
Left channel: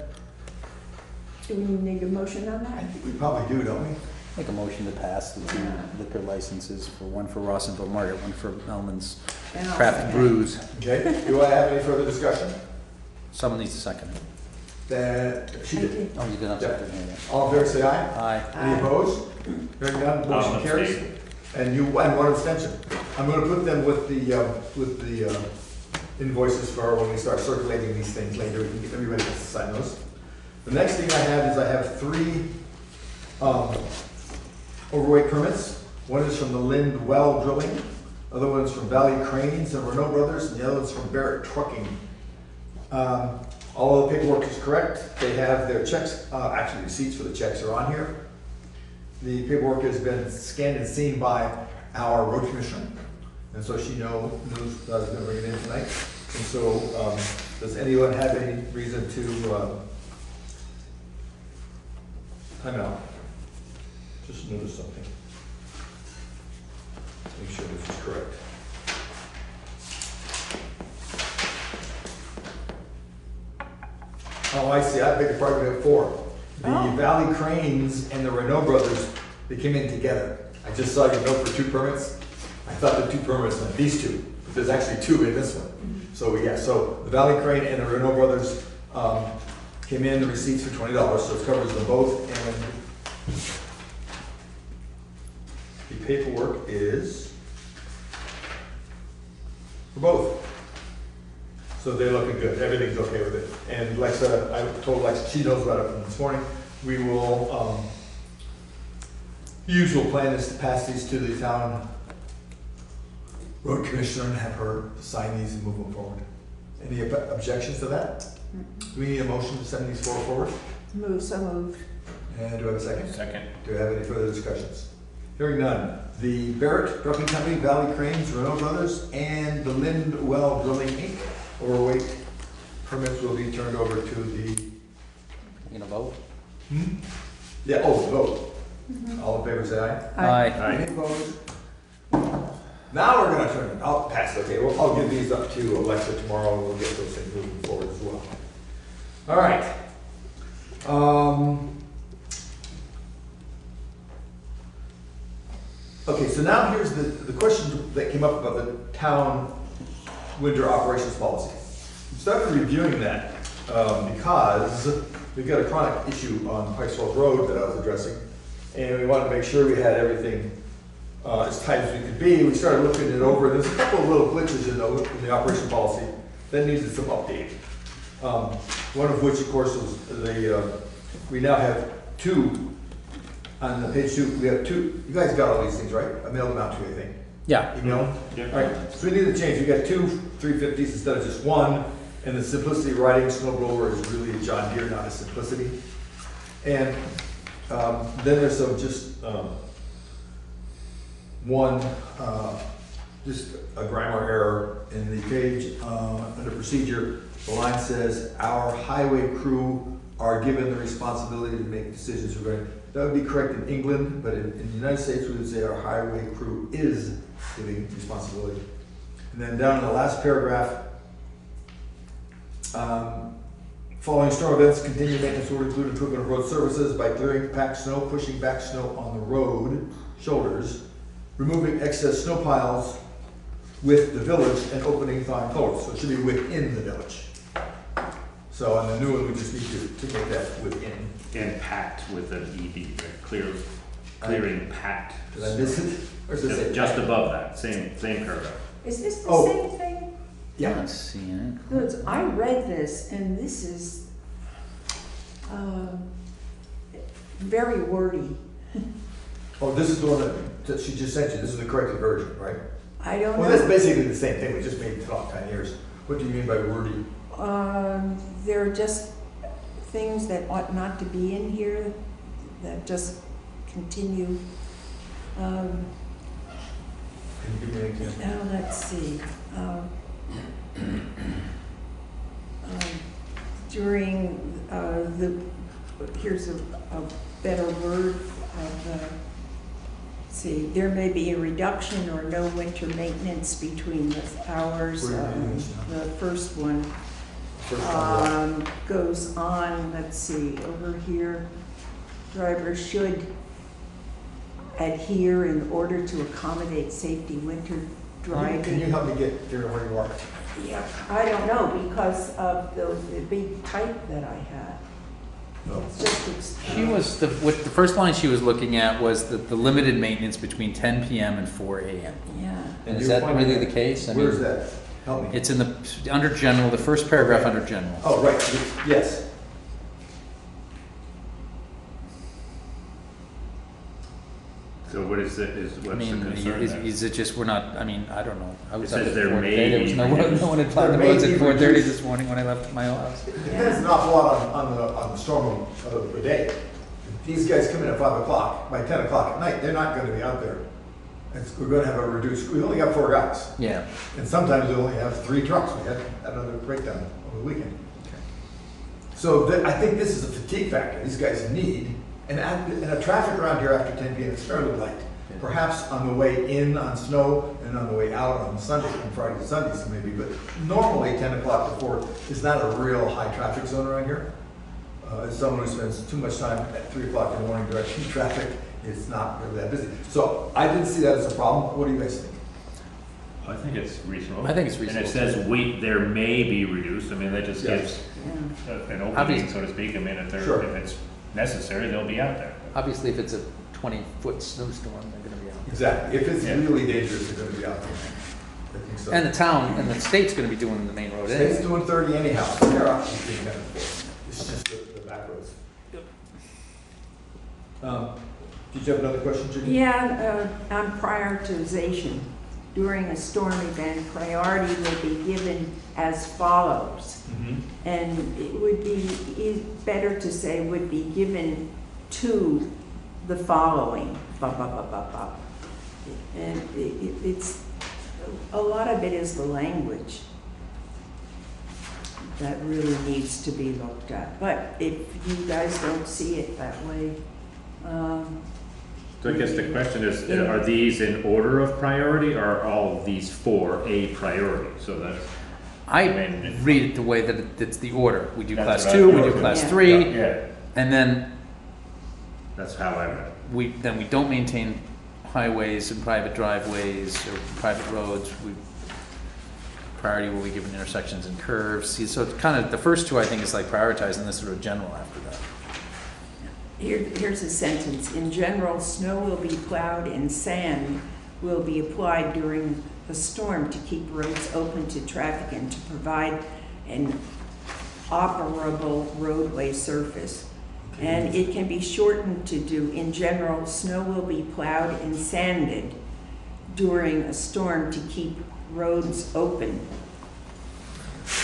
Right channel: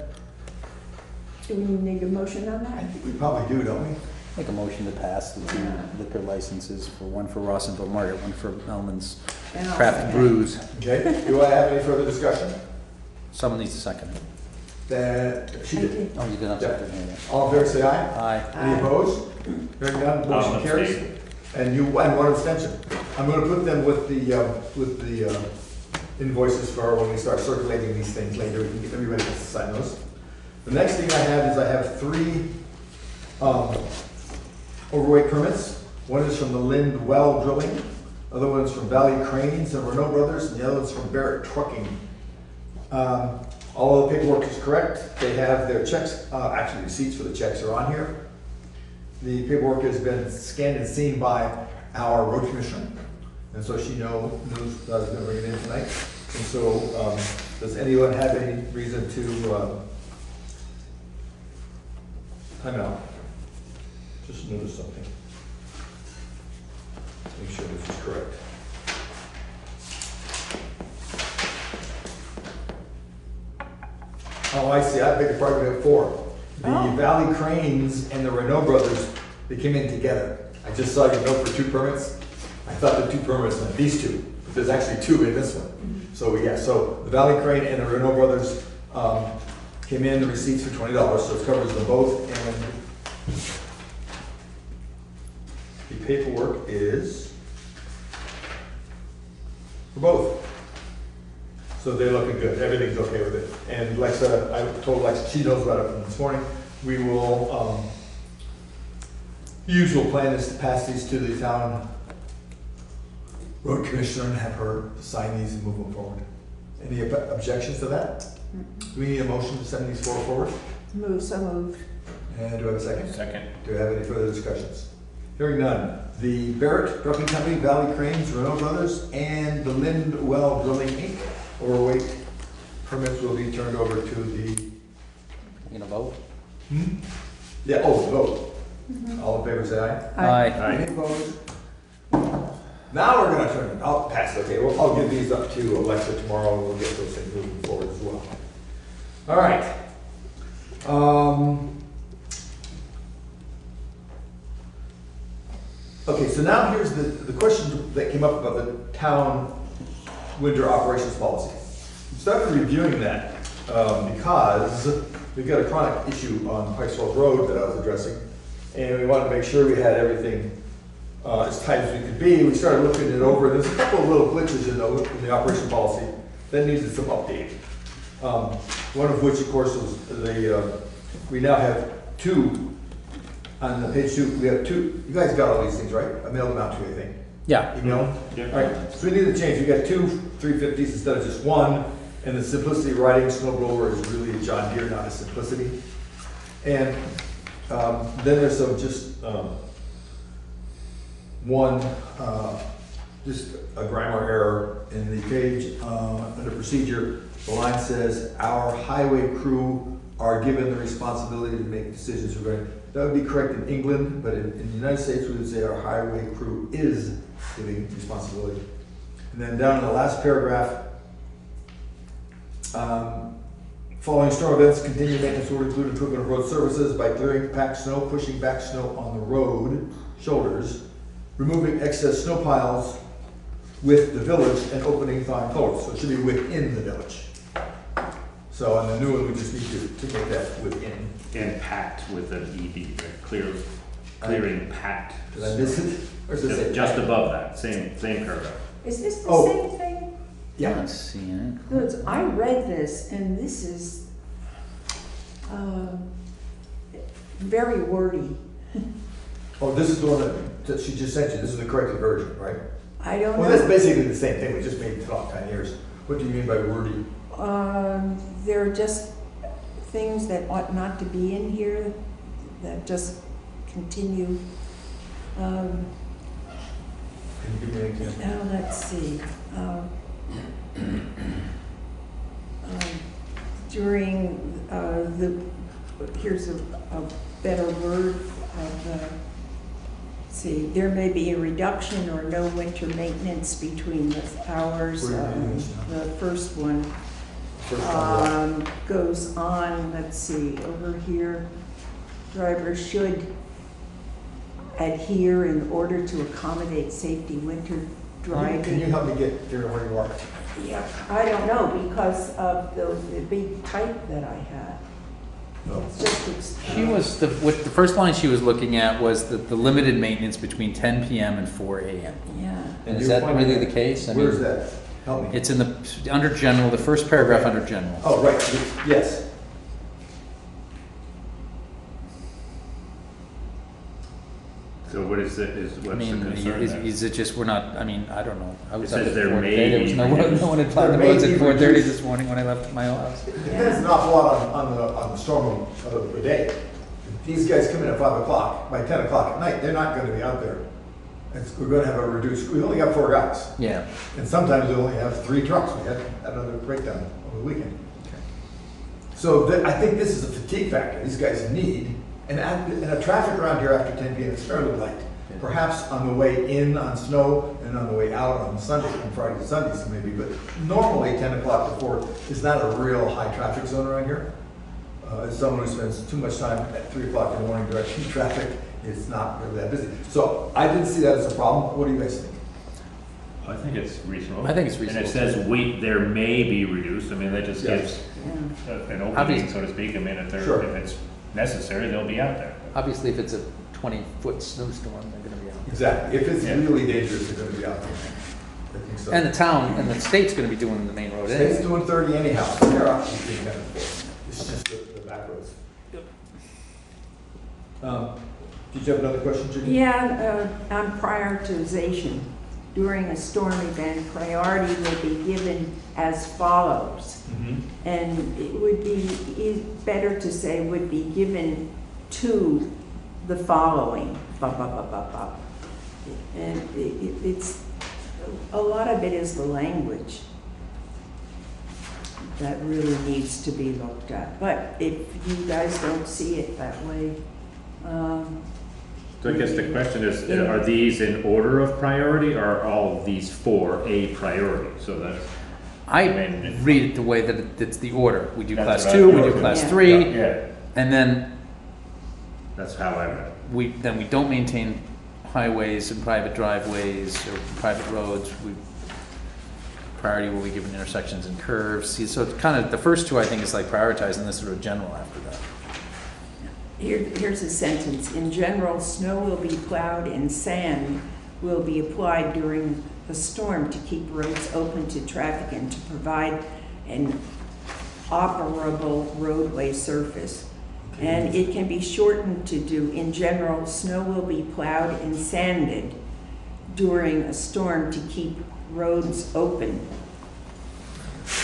Do we need a motion on I that? think we probably do, don't we? Make a motion to pass the 2 liquor licenses, one for Rossendale Market, one for Elman's And I'll Craft second. Brews. Okay, do I have any further discussion? Someone needs to second it. She did. Oh, you did not Yeah. second it. All in favor, say aye. Aye. Any opposed? Hearing none, motion I'll carries. abstain. And one abstention. I'm gonna put them with the invoices for when we start circulating these things later. We can get everybody to sign those. The next thing I have is I have 3 overweight permits. One is from the Lind Well Drilling, other one's from Valley Cranes and Renault Brothers, and the other one's from Barrett Trucking All of the paperwork is correct. They have their checks, actually receipts for the checks are on here. The paperwork has been scanned and seen by our road commissioner. And so she knows that I was gonna bring it in tonight. And so, does anyone have any reason to, time out? Just notice something. Make sure this is correct. Oh, I see, I beg your pardon, we have four. The Valley Cranes and the Renault Brothers, they came in together. I just saw your note for 2 permits. I thought the 2 permits meant these 2, but there's actually 2 in this one. So yeah, so the Valley Crane and the Renault Brothers came in, the receipts for $20, so it covers them both. And the paperwork is for both. So they're looking good, everything's okay with it. And Lexa, I told Lexa, she knows about it from this morning. We will, the usual plan is to pass these to the town road commissioner and have her sign these and move them forward. Any objections to that? Do we need a motion to send these 4 forward? So moved. And do I have a second? Second. Do we have any further discussions? Hearing none. The Barrett Trucking Company, Valley Cranes, Renault Brothers, and the Lindwell Drilling Inc. overweight permits will be turned over to the... You gonna vote? Yeah, vote. All in favor, say aye. Aye. Any opposed? Now we're gonna turn, I'll pass, okay, I'll give these up to Alexa tomorrow, and we'll get those things moving forward as well. All right. Okay, so now here's the question that came up about the town winter operations policy. We started reviewing that because we've got a chronic issue on Pikesville Road that I was addressing, and we wanted to make sure we had everything as tight as we could be. We started looking it over, and there's a couple of little glitches in the operation policy that needed some updating. One of which, of course, is we now have 2 on the page 2. We have 2. You guys got all these things, right? I mailed them out to you, I think. Yeah. Email them? Yeah. All right. So we need to change. We got 2 350s instead of just 1. And the simplicity riding snow blower is really a John Deere, not a Simplicity. And then there's some just one, just a grammar error in the page under procedure. The line says, "Our highway crew are given the responsibility to make decisions regarding." That would be correct in England, but in the United States, we would say our highway crew is giving responsibility. And then down in the last paragraph, following storm events, continued maintenance will include improvement of road services by clearing packed snow, pushing back snow on the road shoulders, removing excess snow piles with the village, and opening thawing cold. So it should be within the village. So on the new one, we just need to make that within. And packed with an ED, right? Clearing packed. Did I miss it? Or does it say Just packed? above that, same paragraph. Is this the same thing? Yeah. Let's see it. No, I read this, and this is very wordy. Oh, this is the one that she just sent you. This is the corrected version, right? I don't Well, know. that's basically the same thing. We just made it talk 10 years. What do you mean by wordy? There are just things that ought not to be in here that just continue. Can you give me an example? Now, let's see. During here's a better word of see, there may be a reduction or no winter maintenance between the hours. The first one goes on, let's see, over here. Drivers should adhere in order to accommodate safety winter driving. Can you help me get here to where you are? Yeah, I don't know, because of the big type that I had. No. It's just, She was, the first line she was looking at was the limited maintenance between 10 p.m. and 4 a.m. Yeah. And is that really the case? I Where's mean, that? Help me. It's in under general, the first paragraph under general. Oh, right, yes. So what is it, what's the concern there? Is it just, we're not, I mean, I don't know. I was It up says at there 4 may today, there was be no reduced. one had plowed the There may roads at be 4:30 reduced. this morning when I left my house. It depends an awful lot on the storm of the day. If these guys come in at 5 o'clock, by 10 o'clock at night, they're not gonna be out there. We're gonna have a reduced, we only got 4 guys. Yeah. And sometimes we only have 3 trucks. We had another breakdown over the weekend. So I think this is a fatigue factor. These guys need, and the traffic around here after 10 p.m. is fairly light. Perhaps on the way in on snow and on the way out on Sunday, on Friday and Sundays maybe, but normally 10 o'clock to 4 is not a real high traffic zone around here. As someone who spends too much time at 3 o'clock in the morning directing traffic, it's not really that busy. So I didn't see that as a problem. What do you guys think? I think it's reasonable. I think it's reasonable. And it says there may be reduced, I mean, that just gives an opening, Obviously. so to speak. I mean, if Sure. it's necessary, they'll be out there. Obviously, if it's a 20-foot snowstorm, they're gonna be out. Exactly. If it's Yeah. really dangerous, they're going to be out there. I think so. And the town, and the state's gonna be doing the main road State's anyway. doing 30 anyhow. So they're actually doing that before. It's just the back roads. Did you have another question, Judy? Yeah, on prioritization. During a storm event, priority will be given as follows. And it would be better to say would be given to the following. Ba, ba, ba, ba, ba. And it's, a lot of it is the language that really needs to be looked at. But if you guys don't see it that way, So I guess the question is, are these in order of priority, or are all of these 4 a priority? So that's, I mean, read it the way that it's the order. We do That's class what I 2, we thought. do class Yeah. 3, yeah, and then that's how I read it. we don't maintain highways and private driveways or private roads. Priority will be given intersections and curves. See, so it's kind of, the first 2 I think is like prioritizing this sort of general after that. here's a sentence. In general, snow will be plowed and sand will be applied during a storm to keep roads open to traffic and to provide an operable roadway surface. And it can be shortened to do, in general, snow will be plowed and sanded during a storm to keep roads open.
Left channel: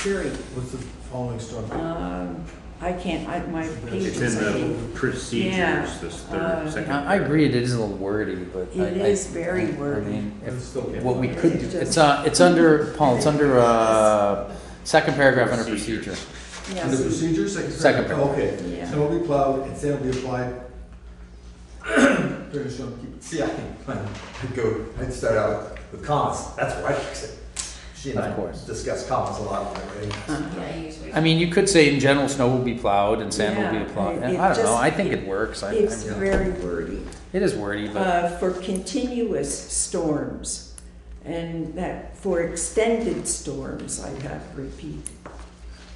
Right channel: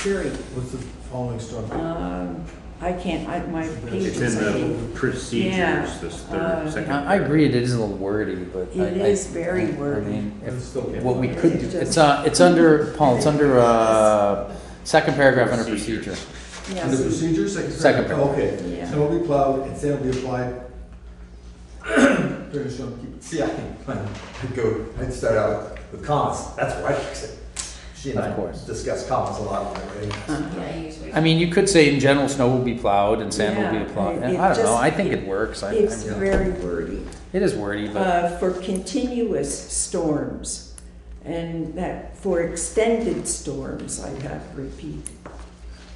Period. What's the following storm? I can't, my It's pages, I in think. the procedures, Yeah, this third, second. I agree, it is a little wordy, but It is very wordy. I mean, It's still good. what we could do, It's it's under, Paul, it's under, second paragraph under procedure. Under procedures, Second paragraph. Okay. Yeah. Snow will be plowed and sand will be applied. During the storm, see, I'd start out with commas. That's where I fix it. She and Of I course. discuss commas a lot. I mean, you could say in general, snow will be plowed and sand will be Yeah, applied. it I don't know, just- I think it works. It's very wordy. It is wordy, but For continuous storms, and that for extended storms, I have repeat.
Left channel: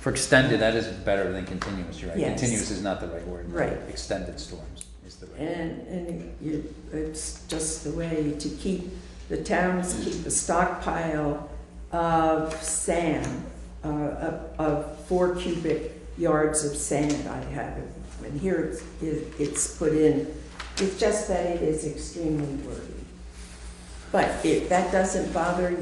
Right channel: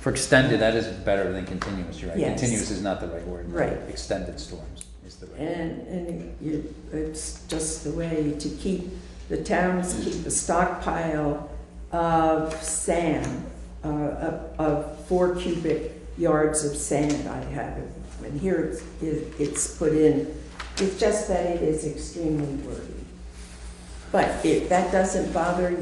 for extended, that is better than continuous, you're right. Yes. Continuous is not the right word. Right. Extended storms is the right word. And it's just the way to keep, the towns keep a stockpile of sand, of 4 cubic yards of sand I have. And here it's put in, it's just that it is extremely wordy. But if that doesn't bother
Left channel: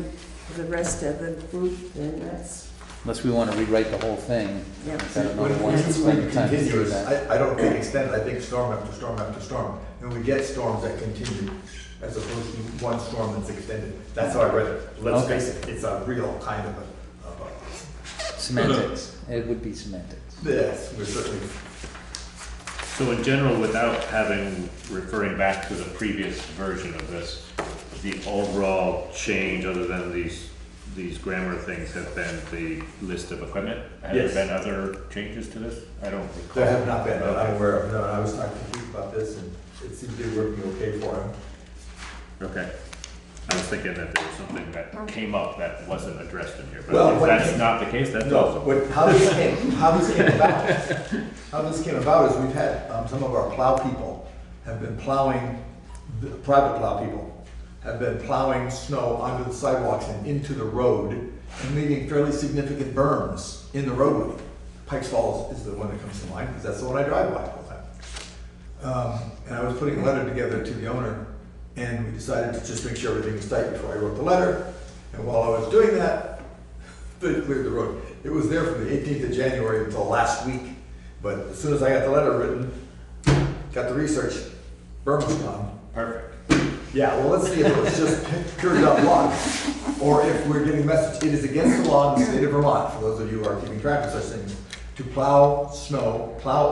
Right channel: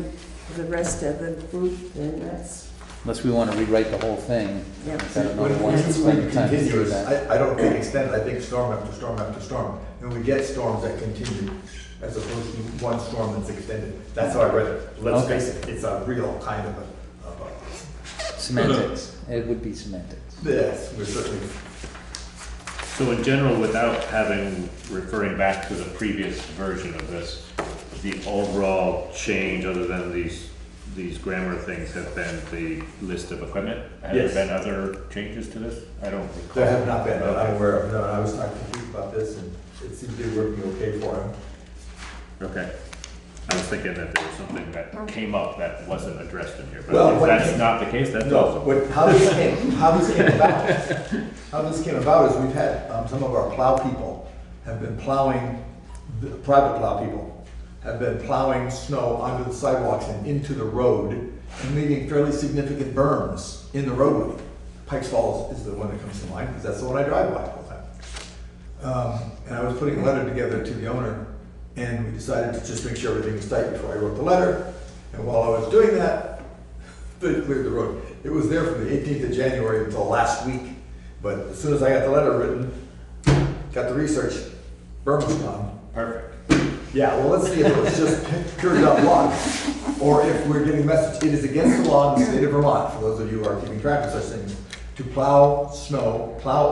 the rest of the group, then that's, Unless we want to rewrite the whole thing. yeah. I don't know When if we want to we spend the time to do continuous, that. I don't think extended, I think storm after storm after storm. And we get storms that continue as opposed to one storm that's extended. That's how I read it. Let's Okay. face it, it's a real kind of a Semantics, it would be semantics. yes, we're certainly. So in general, without referring back to the previous version of this, the overall change, other than these grammar things, have been the list of equipment? Have Yes. there been other changes to this? I don't recall. There have not been, that I'm Okay. aware of. No, I was talking to Keith about this and it seemed to be working okay for him. Okay. I was thinking that there was something that came up that wasn't addressed in here, Well, but if what that's came- not the case, that's No, awesome. how this came about is we've had, some of our plow people have been plowing, the private plow people have been plowing snow onto the sidewalks and into the road and leaving fairly significant berms in the roadway. Pikes Falls is the one that comes to mind, because that's the one I drive by all the time. And I was putting a letter together to the owner And we decided to just make sure everything was tight before I wrote the letter. And while I was doing that, they cleared the road. It was there from the 18th of January until last week. But as soon as I got the letter written, got the research, berm was gone. Perfect. Yeah, well, let's see if it was just pure dumb luck, or if we're getting a message. It is against the law in the state of Vermont, for those of you who are keeping track of such things, to plow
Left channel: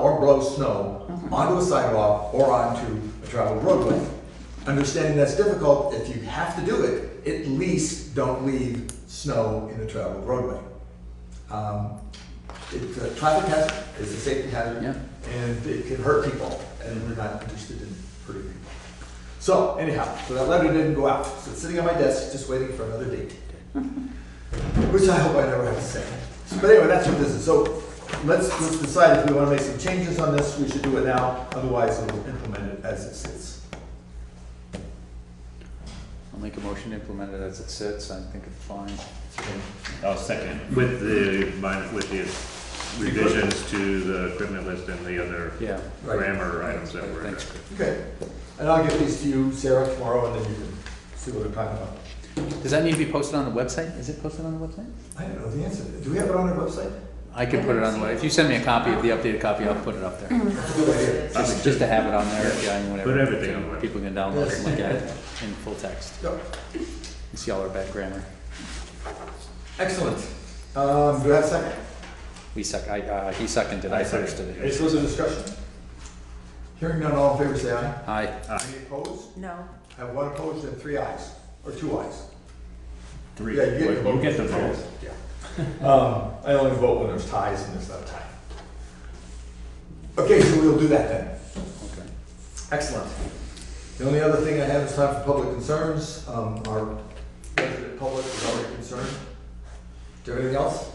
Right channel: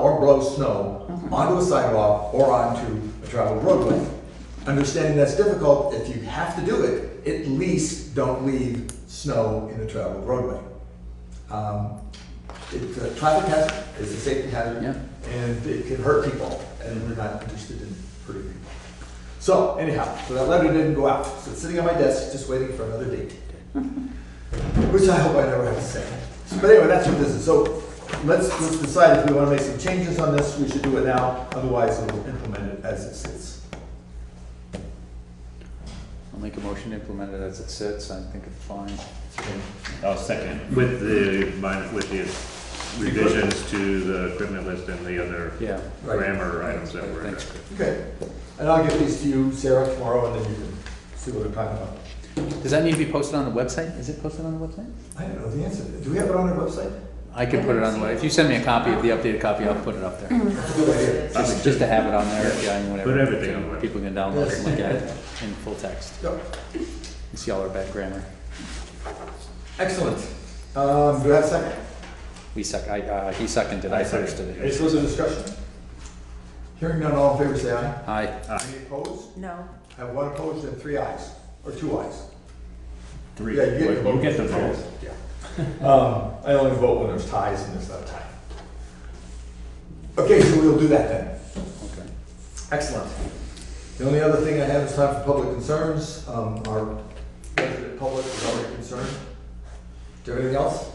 or blow snow onto a sidewalk or onto a traveled roadway. Understanding that's difficult, if you have to do it, at least don't leave snow in a traveled roadway. It's a traffic hazard, it's a safety hazard, and it can hurt people, and we're not interested in hurting people. So anyhow, so that letter didn't go out. So it's sitting on my desk, just waiting for another date. Which I hope I never have to say. But anyway, that's what this is. So let's decide if we want to make some changes on this. We should do it now. Otherwise, we'll implement it as it sits. I'll make a motion to implement it as it sits. I think it's fine. I'll second, with the revisions to the equipment list and the other grammar items that were. Thanks. Okay. And I'll give these to you, Sarah, tomorrow, and then you can see what we're talking about. Does that need to be posted on the website? Is it posted on the website? I don't know the answer. Do we have it on our website? I could put it on the website. If you send me a copy of the updated copy, I'll put it up there. That's a good idea. Just to have it on there, and whatever. Put everything on the website. People can download it and look at it in full text. Yep. You see all our bad grammar. Excellent. Do I have a second? He seconded, I firsted it. Any further discussion? Hearing none, all in favor say aye. Aye. Any opposed? No. I have one opposed and 3 ayes, or 2 ayes. 3. Yeah, you get the the vote. Yeah. I only vote when there's ties and there's not a tie. Okay, so we'll do that then. Okay. Excellent. The only other thing I have is time for public concerns. Our resident public is already concerned. Do you have anything else?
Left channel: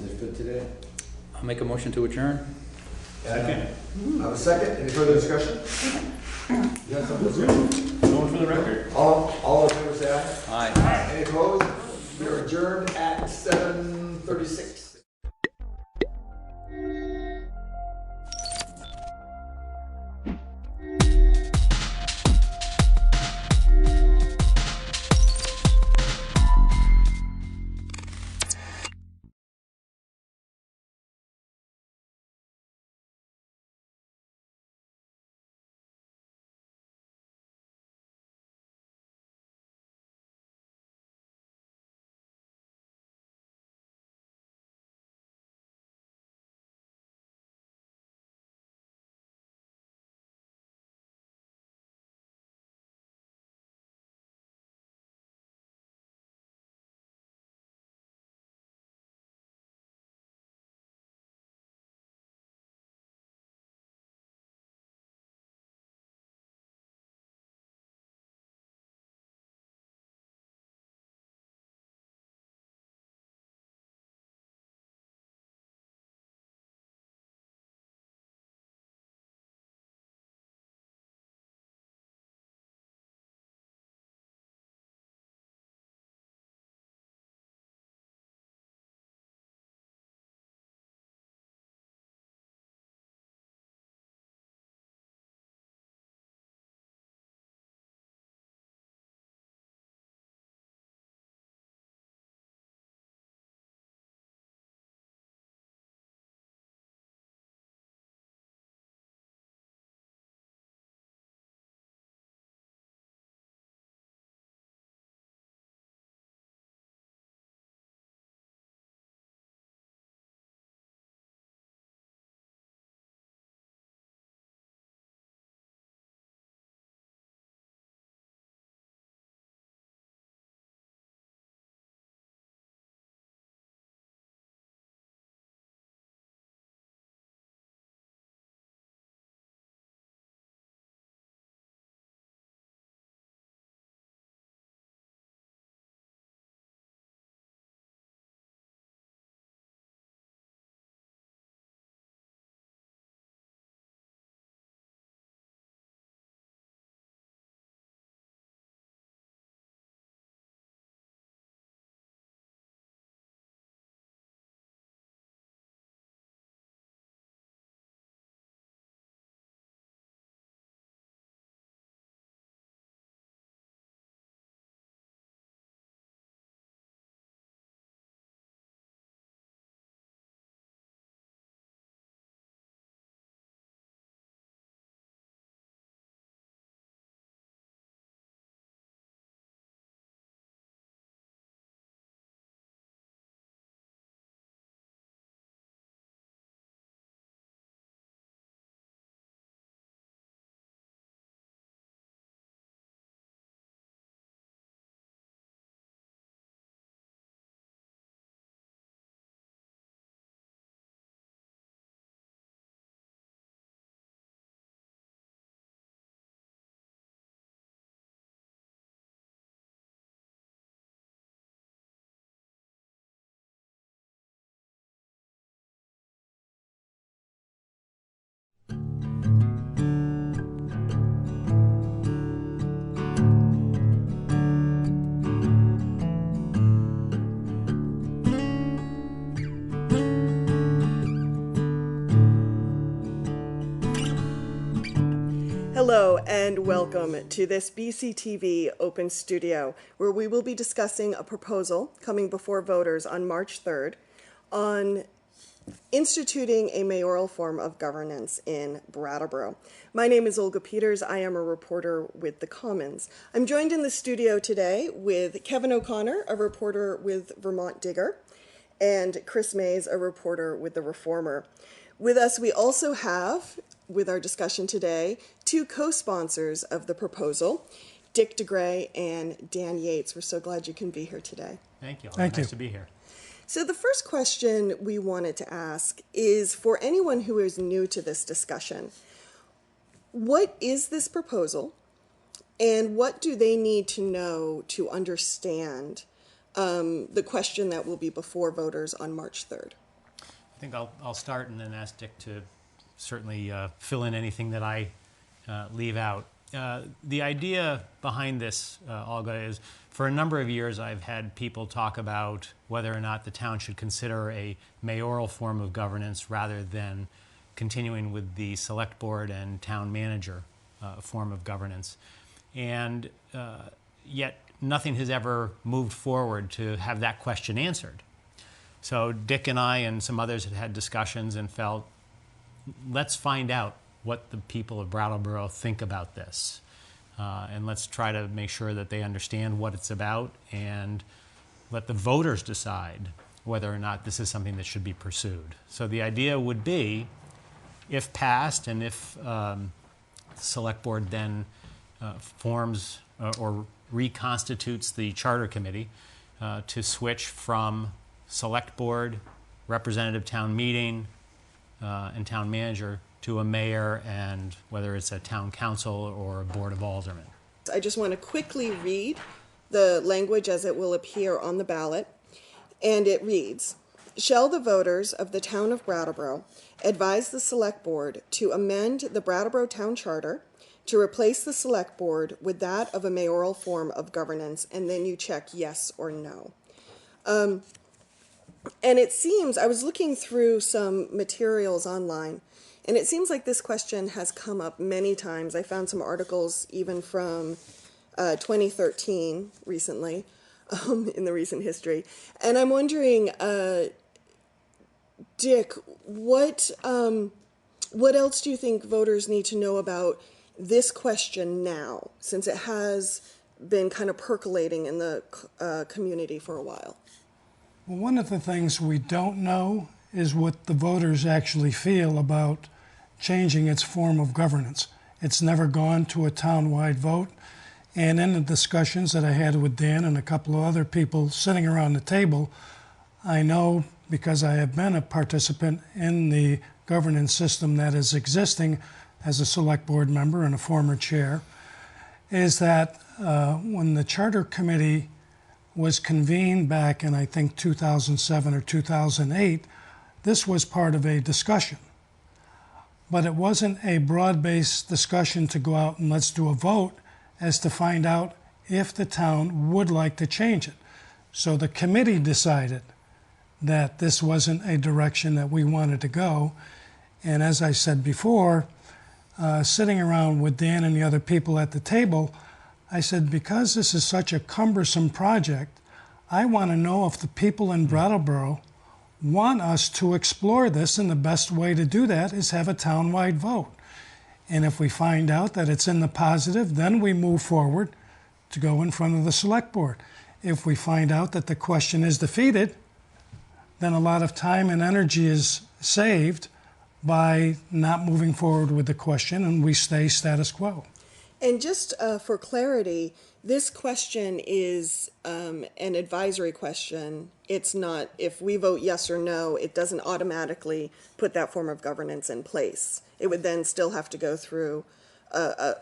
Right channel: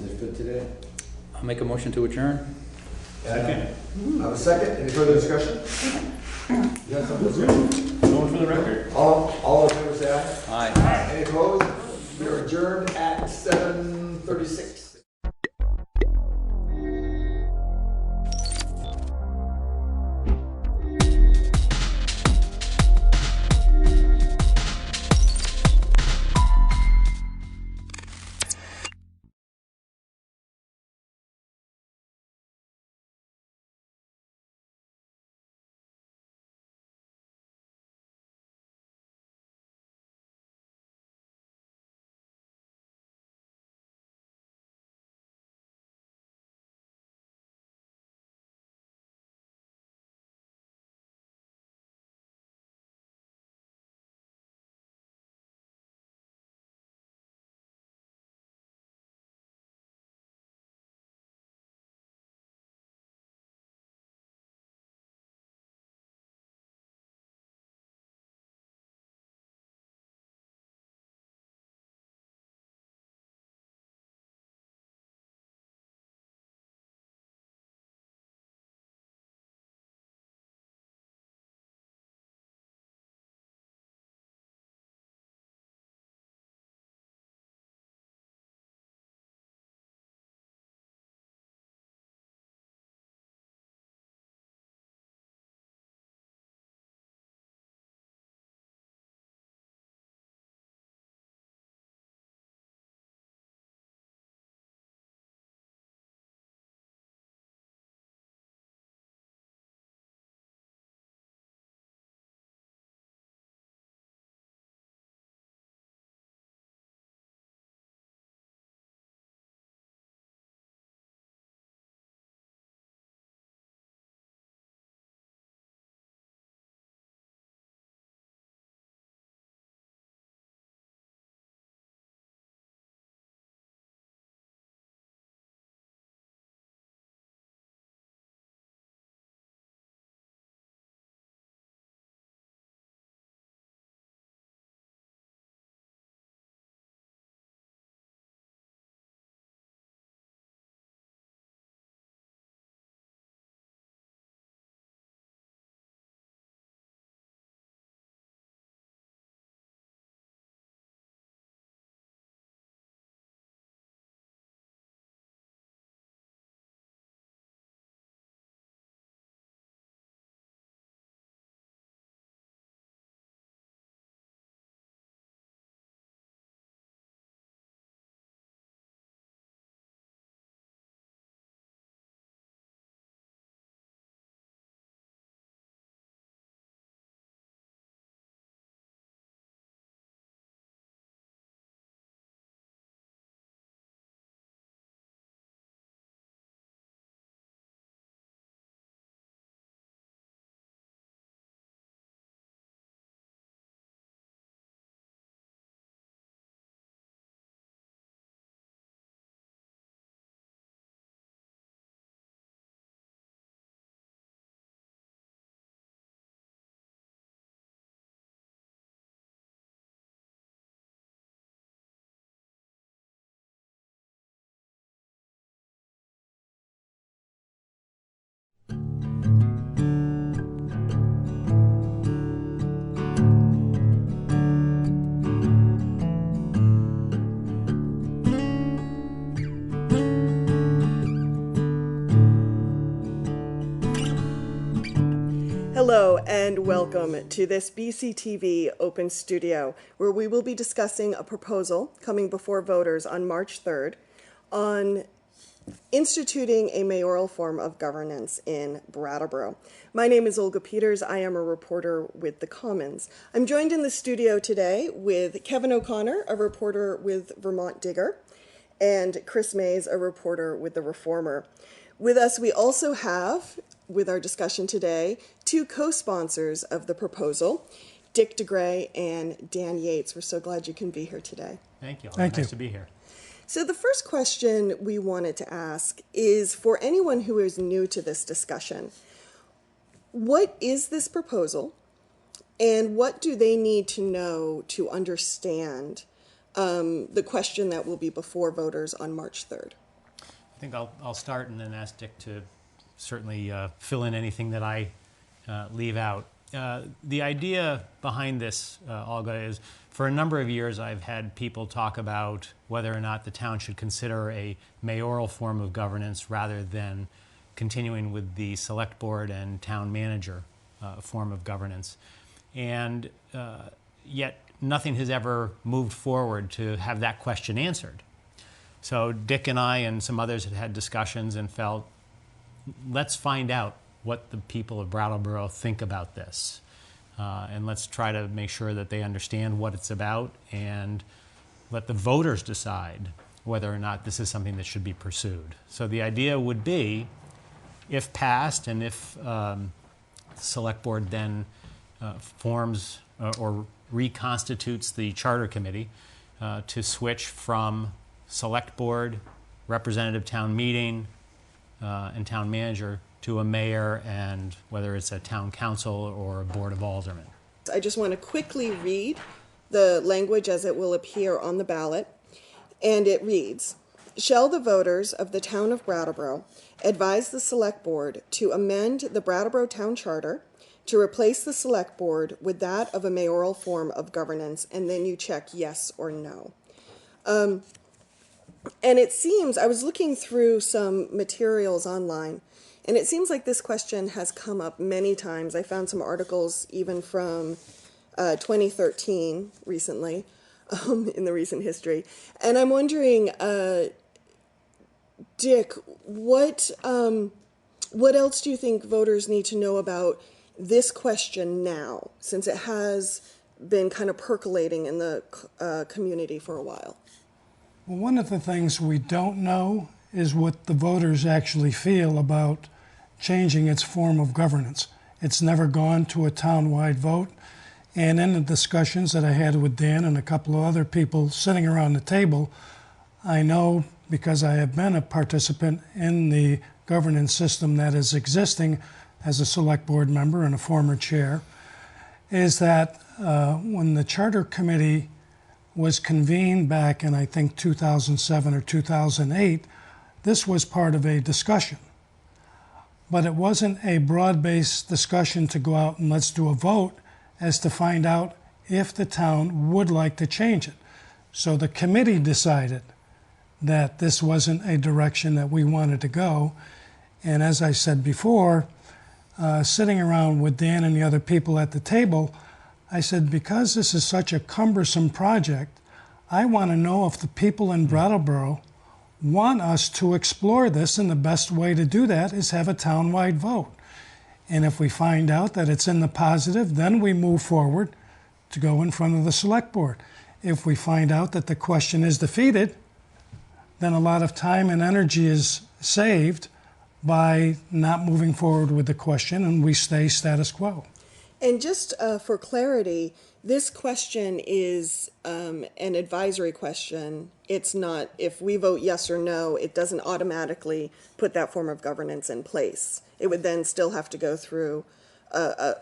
Is it good today? I'll make a motion to adjourn. Second. I have a second. Any further discussion? You have something to say? Going for the record. All in favor say aye. Aye. Any opposed? We are adjourned at 7:36. Hello and welcome to this BCTV Open Studio, where we will be discussing a proposal coming before voters on March 3rd on instituting a mayoral form of governance in Brattleboro. My name is Olga Peters. I am a reporter with the Commons. I'm joined in the studio today with Kevin O'Connor, a reporter with Vermont Digger, and Chris Mays, a reporter with The Reformer. With us, we also have, with our discussion today, two co-sponsors of the proposal, Dick DeGray and Dan Yates. We're so glad you can be here today. Thank you. Thank Nice you. to be here. So the first question we wanted to ask is for anyone who is new to this discussion, what is this proposal and what do they need to know to understand the question that will be before voters on March 3rd? I think I'll start and then ask Dick to certainly fill in anything that I leave out. The idea behind this, Olga, is for a number of years I've had people talk about whether or not the town should consider a mayoral form of governance rather than continuing with the select board and town manager form of governance. And yet nothing has ever moved forward to have that question answered. So Dick and I and some others had discussions and felt, let's find out what the people of Brattleboro think about this. And let's try to make sure that they understand what it's about and let the voters decide whether or not this is something that should be pursued. So the idea would be, if passed and if the select board then forms or reconstitutes the charter committee to switch from select board, representative town meeting, and town manager to a mayor and whether it's a town council or a board of aldermen. I just want to quickly read the language as it will appear on the ballot, and it reads, "Shall the voters of the town of Brattleboro advise the select board to amend the Brattleboro Town Charter to replace the select board with that of a mayoral form of governance," and then you check yes or no. And it seems, I was looking through some materials online, and it seems like this question has come up many times. I found some articles even from 2013 recently, in the recent history. And I'm wondering, Dick, what else do you think voters need to know about this question now, since it has been kind of percolating in the community for a while? Well, one of the things we don't know is what the voters actually feel about changing its form of governance. It's never gone to a town-wide vote. And in the discussions that I had with Dan and a couple of other people sitting around the table, I know, because I have been a participant in the governance system that is existing as a select board member and a former chair, is that when the charter committee was convened back in, I think, 2007 or 2008, this was part of a discussion. But it wasn't a broad-based discussion to go out and let's do a vote as to find out if the town would like to change it. So the committee decided that this wasn't a direction that we wanted to go. And as I said before, sitting around with Dan and the other people at the table, I said, because this is such a cumbersome project, I want to know if the people in Brattleboro want us to explore this, and the best way to do that is have a town-wide vote. And if we find out that it's in the positive, then we move forward to go in front of the select board. If we find out that the question is defeated, then a lot of time and energy is saved by not moving forward with the question, and we stay status quo. And just for clarity, this question is an advisory question. It's not, if we vote yes or no, it doesn't automatically put that form of governance in place. It would then still have to go through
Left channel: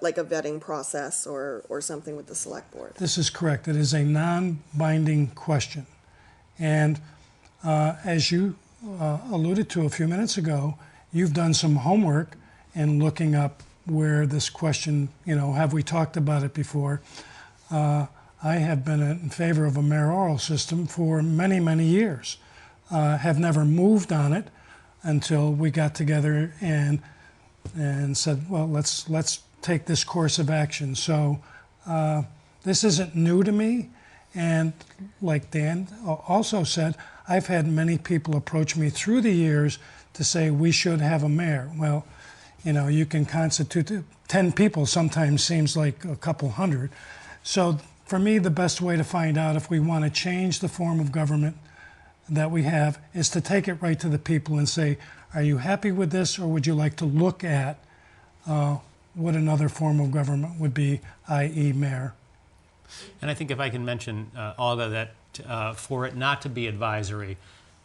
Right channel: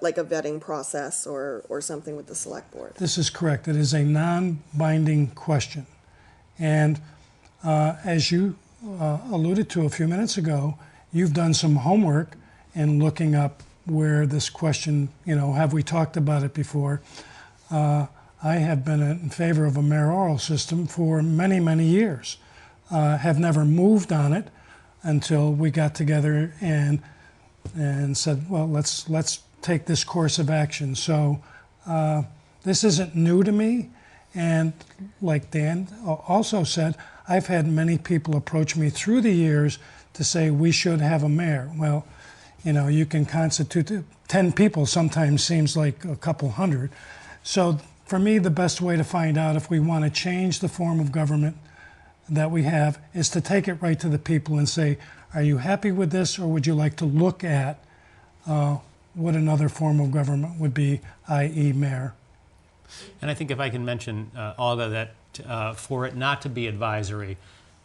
like a vetting process or something with the select board. This is correct. It is a non-binding question. And as you alluded to a few minutes ago, you've done some homework in looking up where this question, have we talked about it before? I have been in favor of a mayoral system for many, many years. Have never moved on it until we got together and said, well, let's take this course of action. So this isn't new to me. And like Dan also said, I've had many people approach me through the years to say we should have a mayor. Well, you know, you can constitute 10 people sometimes seems like a couple hundred. So for me, the best way to find out if we want to change the form of government that we have is to take it right to the people and say, are you happy with this, or would you like to look at what another form of government would be, i.e. mayor? And I think if I can mention, Olga, that for it not to be advisory,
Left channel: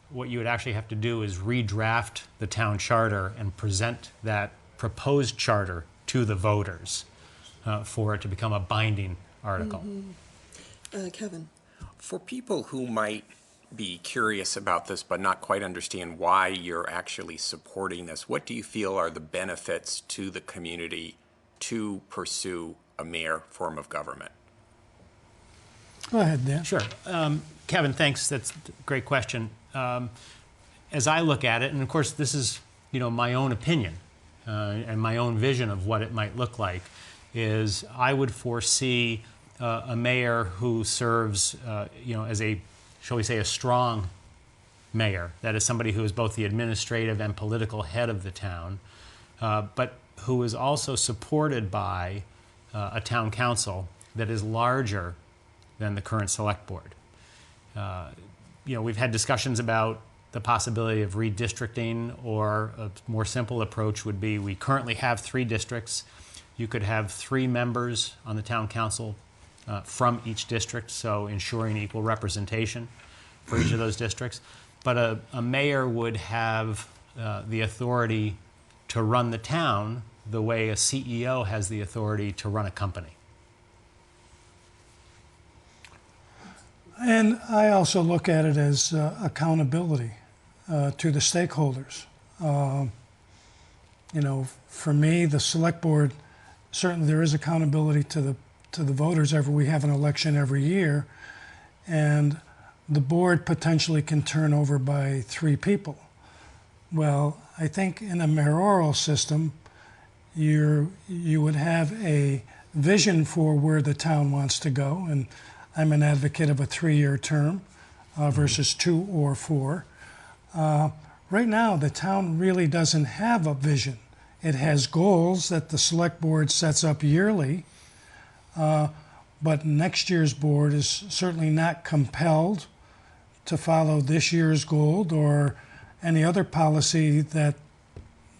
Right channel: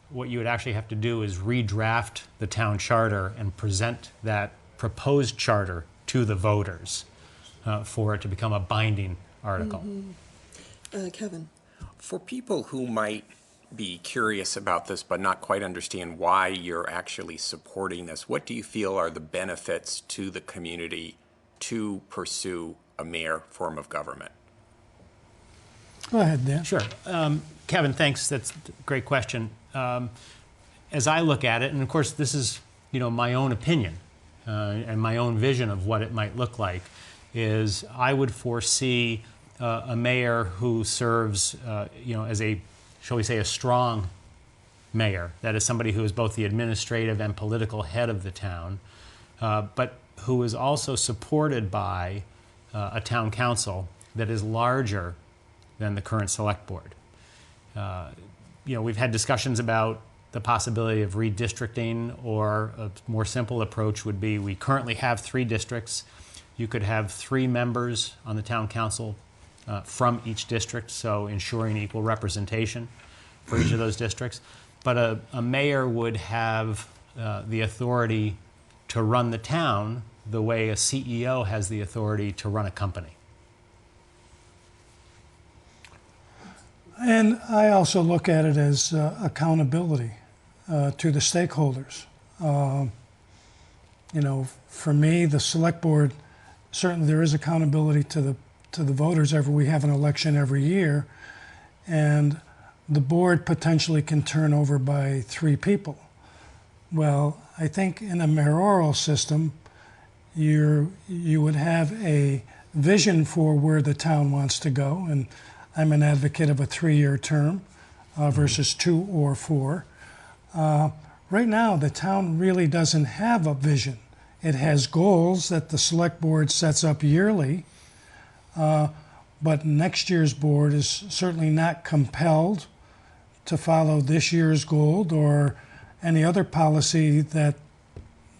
what you would actually have to do is redraft the town charter and present that proposed charter to the voters for it to become a binding article. Kevin. For people who might be curious about this but not quite understand why you're actually supporting this, what do you feel are the benefits to the community to pursue a mayor form of government? Go ahead, Dan. Sure. Kevin, thanks. That's a great question. As I look at it, and of course this is, you know, my own opinion and my own vision of what it might look like, is I would foresee a mayor who serves, you know, as a, shall we say, a strong mayor. That is somebody who is both the administrative and political head of the town, but who is also supported by a town council that is larger than the current select board. You know, we've had discussions about the possibility of redistricting, or a more simple approach would be we currently have 3 districts. You could have 3 members on the town council from each district, so ensuring equal representation for each of those districts. But a mayor would have the authority to run the town the way a CEO has the authority to run a company. And I also look at it as accountability to the stakeholders. You know, for me, the select board, certainly there is accountability to the voters. We have an election every year, and the board potentially can turn over by 3 people. Well, I think in a mayoral system, you would have a vision for where the town wants to go, and I'm an advocate of a 3-year term versus 2 or 4. Right now, the town really doesn't have a vision. It has goals that the select board sets up yearly, but next year's board is certainly not compelled to follow this year's goal or any other policy that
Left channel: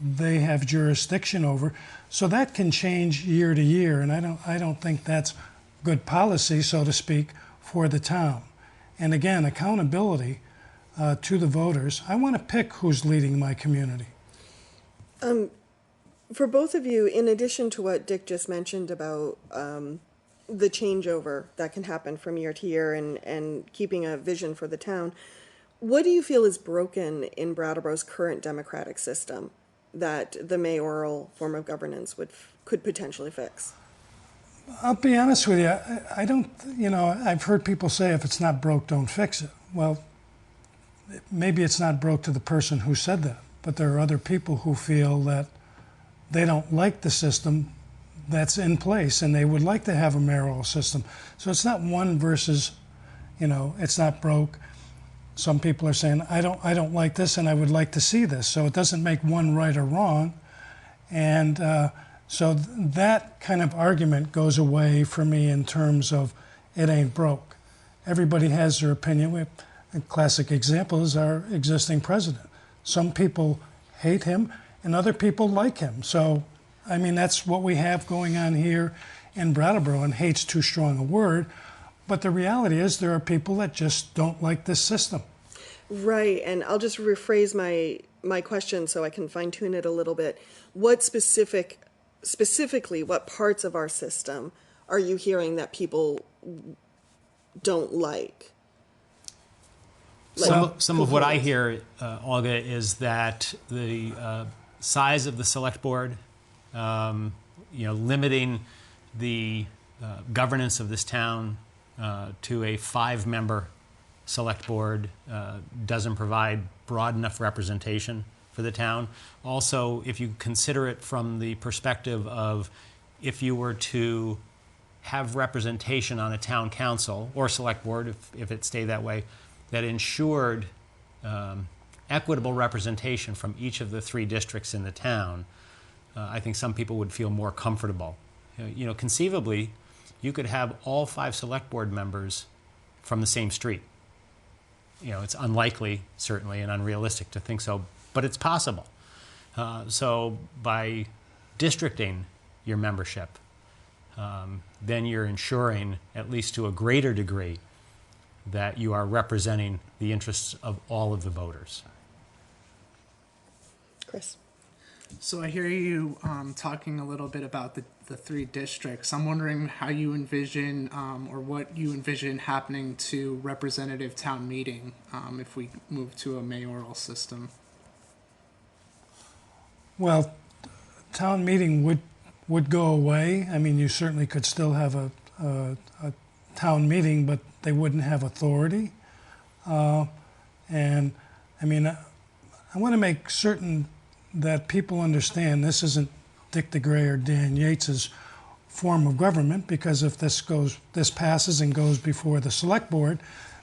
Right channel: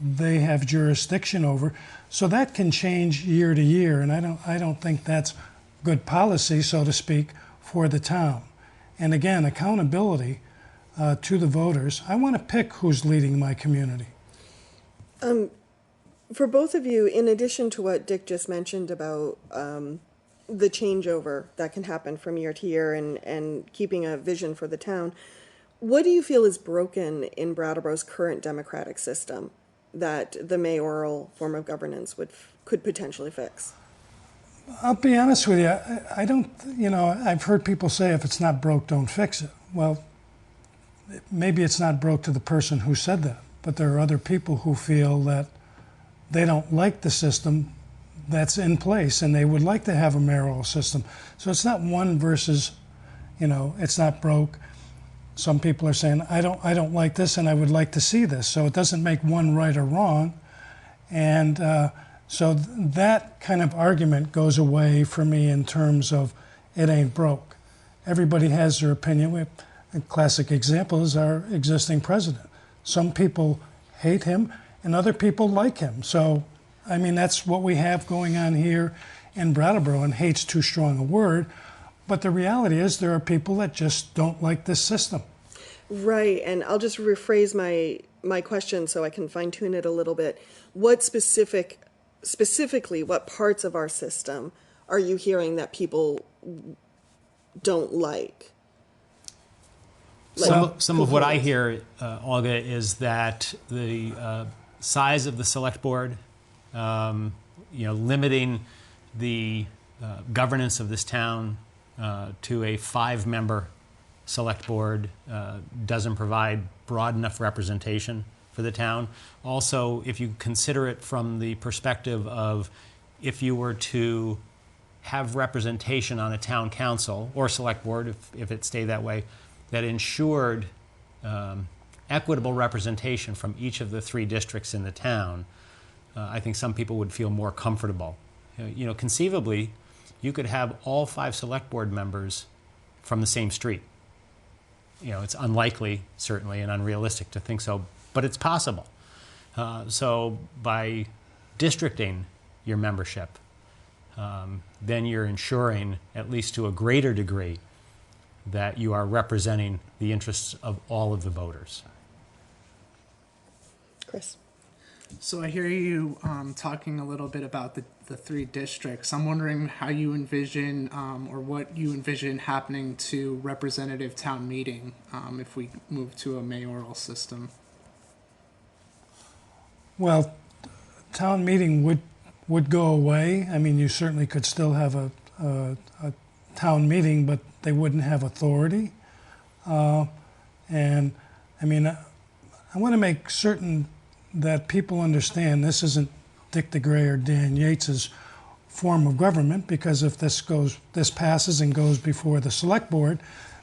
they have jurisdiction over. So that can change year to year, and I don't think that's good policy, so to speak, for the town. And again, accountability to the voters. I want to pick who's leading my community. For both of you, in addition to what Dick just mentioned about the changeover that can happen from year to year and keeping a vision for the town, what do you feel is broken in Brattleboro's current democratic system that the mayoral form of governance could potentially fix? I'll be honest with you, I don't, you know, I've heard people say if it's not broke, don't fix it. Well, maybe it's not broke to the person who said that, but there are other people who feel that they don't like the system that's in place and they would like to have a mayoral system. So it's not one versus, you know, it's not broke. Some people are saying, I don't like this and I would like to see this. So it doesn't make one right or wrong. And so that kind of argument goes away for me in terms of it ain't broke. Everybody has their opinion. A classic example is our existing president. Some people hate him and other people like him. So, I mean, that's what we have going on here in Brattleboro, and hate's too strong a word. But the reality is there are people that just don't like this system. Right, and I'll just rephrase my question so I can fine-tune it a little bit. What specifically, what parts of our system are you hearing that people don't like? Some of what I hear, Olga, is that the size of the select board, limiting the governance of this town to a 5-member select board doesn't provide broad enough representation for the town. Also, if you consider it from the perspective of if you were to have representation on a town council or select board, if it stayed that way, that ensured equitable representation from each of the 3 districts in the town, I think some people would feel more comfortable. Conceivably, you could have all 5 select board members from the same street. It's unlikely, certainly, and unrealistic to think so, but it's possible. So by districting your membership, then you're ensuring, at least to a greater degree, that you are representing the interests of all of the voters. Chris. So I hear you talking a little bit about the 3 districts. I'm wondering how you envision or what you envision happening to representative town meeting if we move to a mayoral system. Well, town meeting would go away. I mean, you certainly could still have a town meeting, but they wouldn't have authority. And I mean, I want to make certain that people understand this isn't Dick DeGray or Dan Yates's form of government, because if this passes and goes before the select board,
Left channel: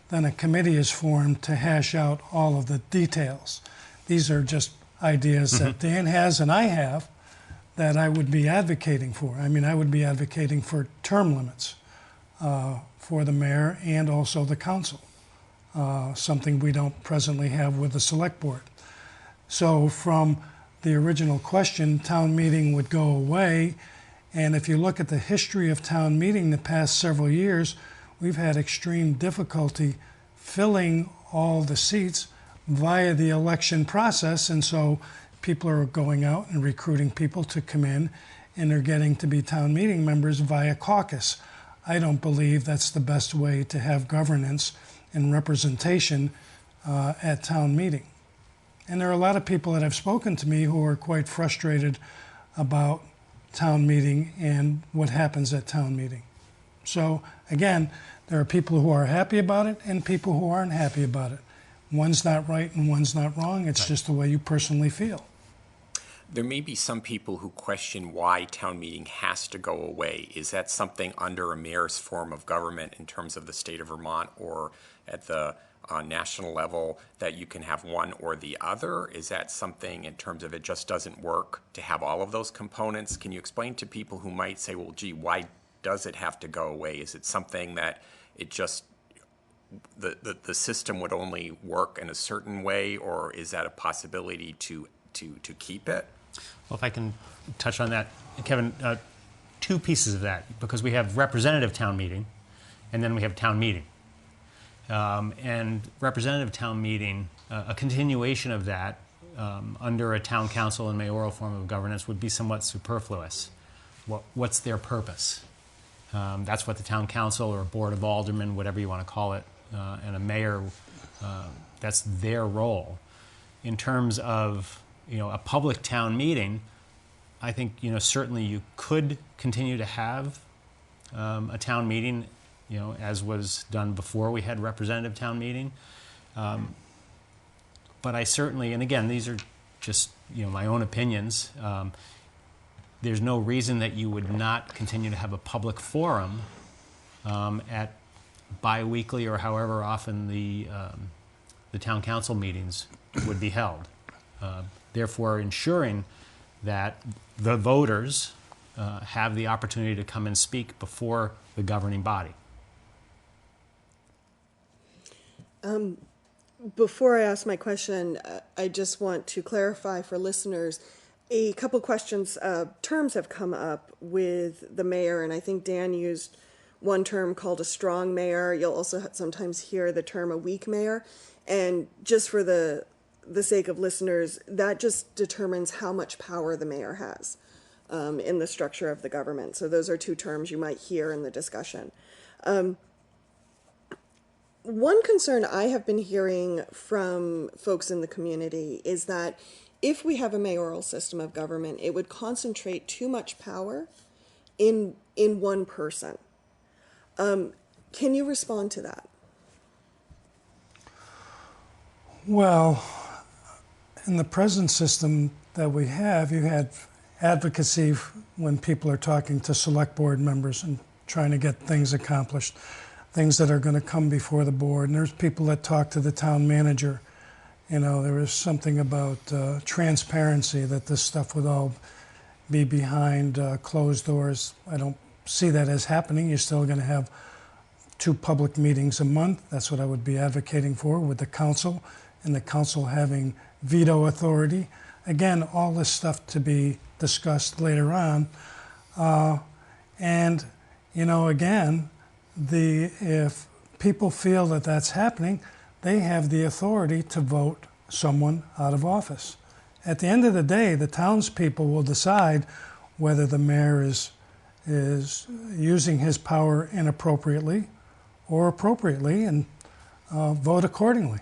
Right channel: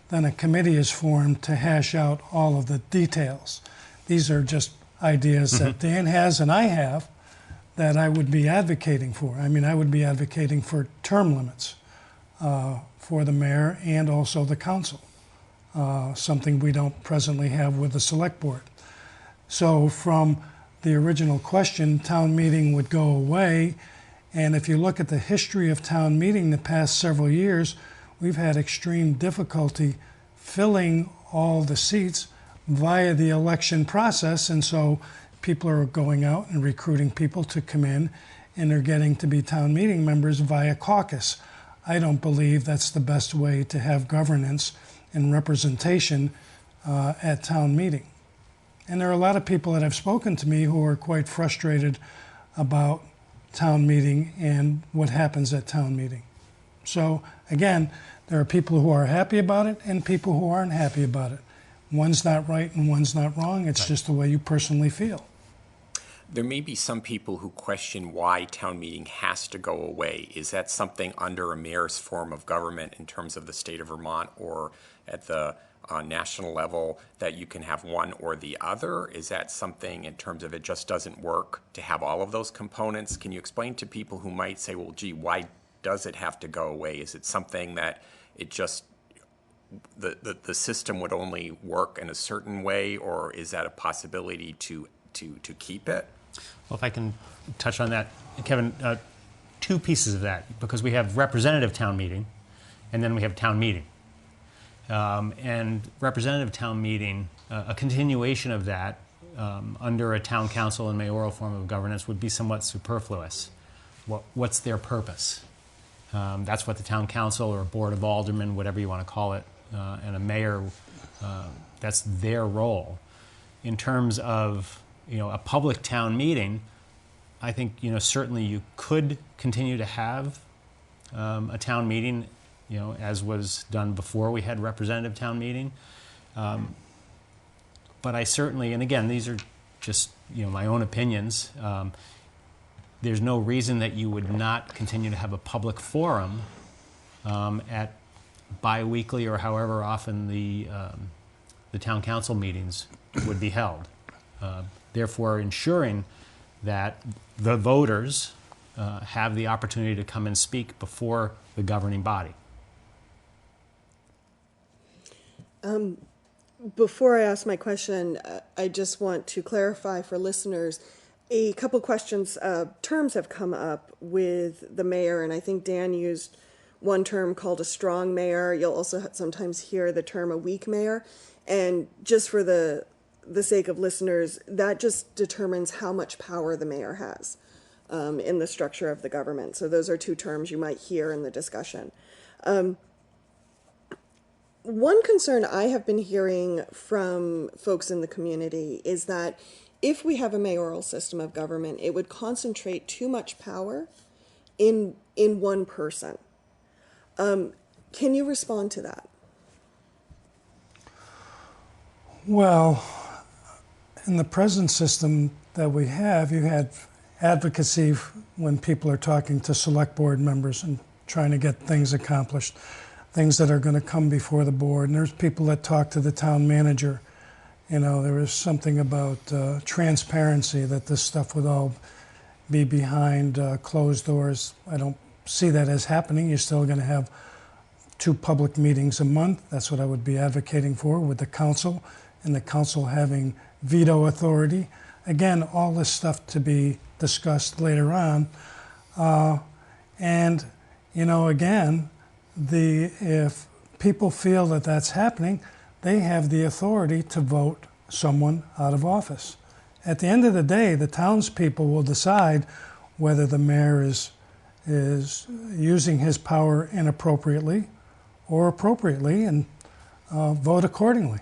then a committee is formed to hash out all of the details. These are just ideas that Dan has and I have that I would be advocating for. I mean, I would be advocating for term limits for the mayor and also the council, something we don't presently have with the select board. So from the original question, town meeting would go away. And if you look at the history of town meeting the past several years, we've had extreme difficulty filling all the seats via the election process. And so people are going out and recruiting people to come in, and they're getting to be town meeting members via caucus. I don't believe that's the best way to have governance and representation at town meeting. And there are a lot of people that have spoken to me who are quite frustrated about town meeting and what happens at town meeting. So again, there are people who are happy about it and people who aren't happy about it. One's not right and one's not wrong. It's just the way you personally feel. There may be some people who question why town meeting has to go away. Is that something under a mayor's form of government in terms of the state of Vermont, or at the national level, that you can have one or the other? Is that something in terms of it just doesn't work to have all of those components? Can you explain to people who might say, well, gee, why does it have to go away? Is it something that it just, the system would only work in a certain way, or is that a possibility to keep it? Well, if I can touch on that, Kevin, 2 pieces of that, because we have representative town meeting and then we have town meeting. And representative town meeting, a continuation of that under a town council and mayoral form of governance would be somewhat superfluous. What's their purpose? That's what the town council or board of aldermen, whatever you want to call it, and a mayor, that's their role. In terms of a public town meeting, I think certainly you could continue to have a town meeting, as was done before we had representative town meeting. But I certainly, and again, these are just my own opinions. There's no reason that you would not continue to have a public forum at bi-weekly or however often the town council meetings would be held. Therefore, ensuring that the voters have the opportunity to come and speak before the governing body. Before I ask my question, I just want to clarify for listeners, a couple questions. Terms have come up with the mayor, and I think Dan used one term called a strong mayor. You'll also sometimes hear the term a weak mayor. And just for the sake of listeners, that just determines how much power the mayor has in the structure of the government. So those are 2 terms you might hear in the discussion. One concern I have been hearing from folks in the community is that if we have a mayoral system of government, it would concentrate too much power in one person. Can you respond to that? Well, in the present system that we have, you had advocacy when people are talking to select board members and trying to get things accomplished, things that are going to come before the board. And there's people that talk to the town manager. You know, there is something about transparency, that this stuff would all be behind closed doors. I don't see that as happening. You're still going to have 2 public meetings a month. That's what I would be advocating for, with the council, and the council having veto authority. Again, all this stuff to be discussed later on. And, you know, again, if people feel that that's happening, they have the authority to vote someone out of office. At the end of the day, the townspeople will decide whether the mayor is using his power inappropriately or appropriately, and vote accordingly.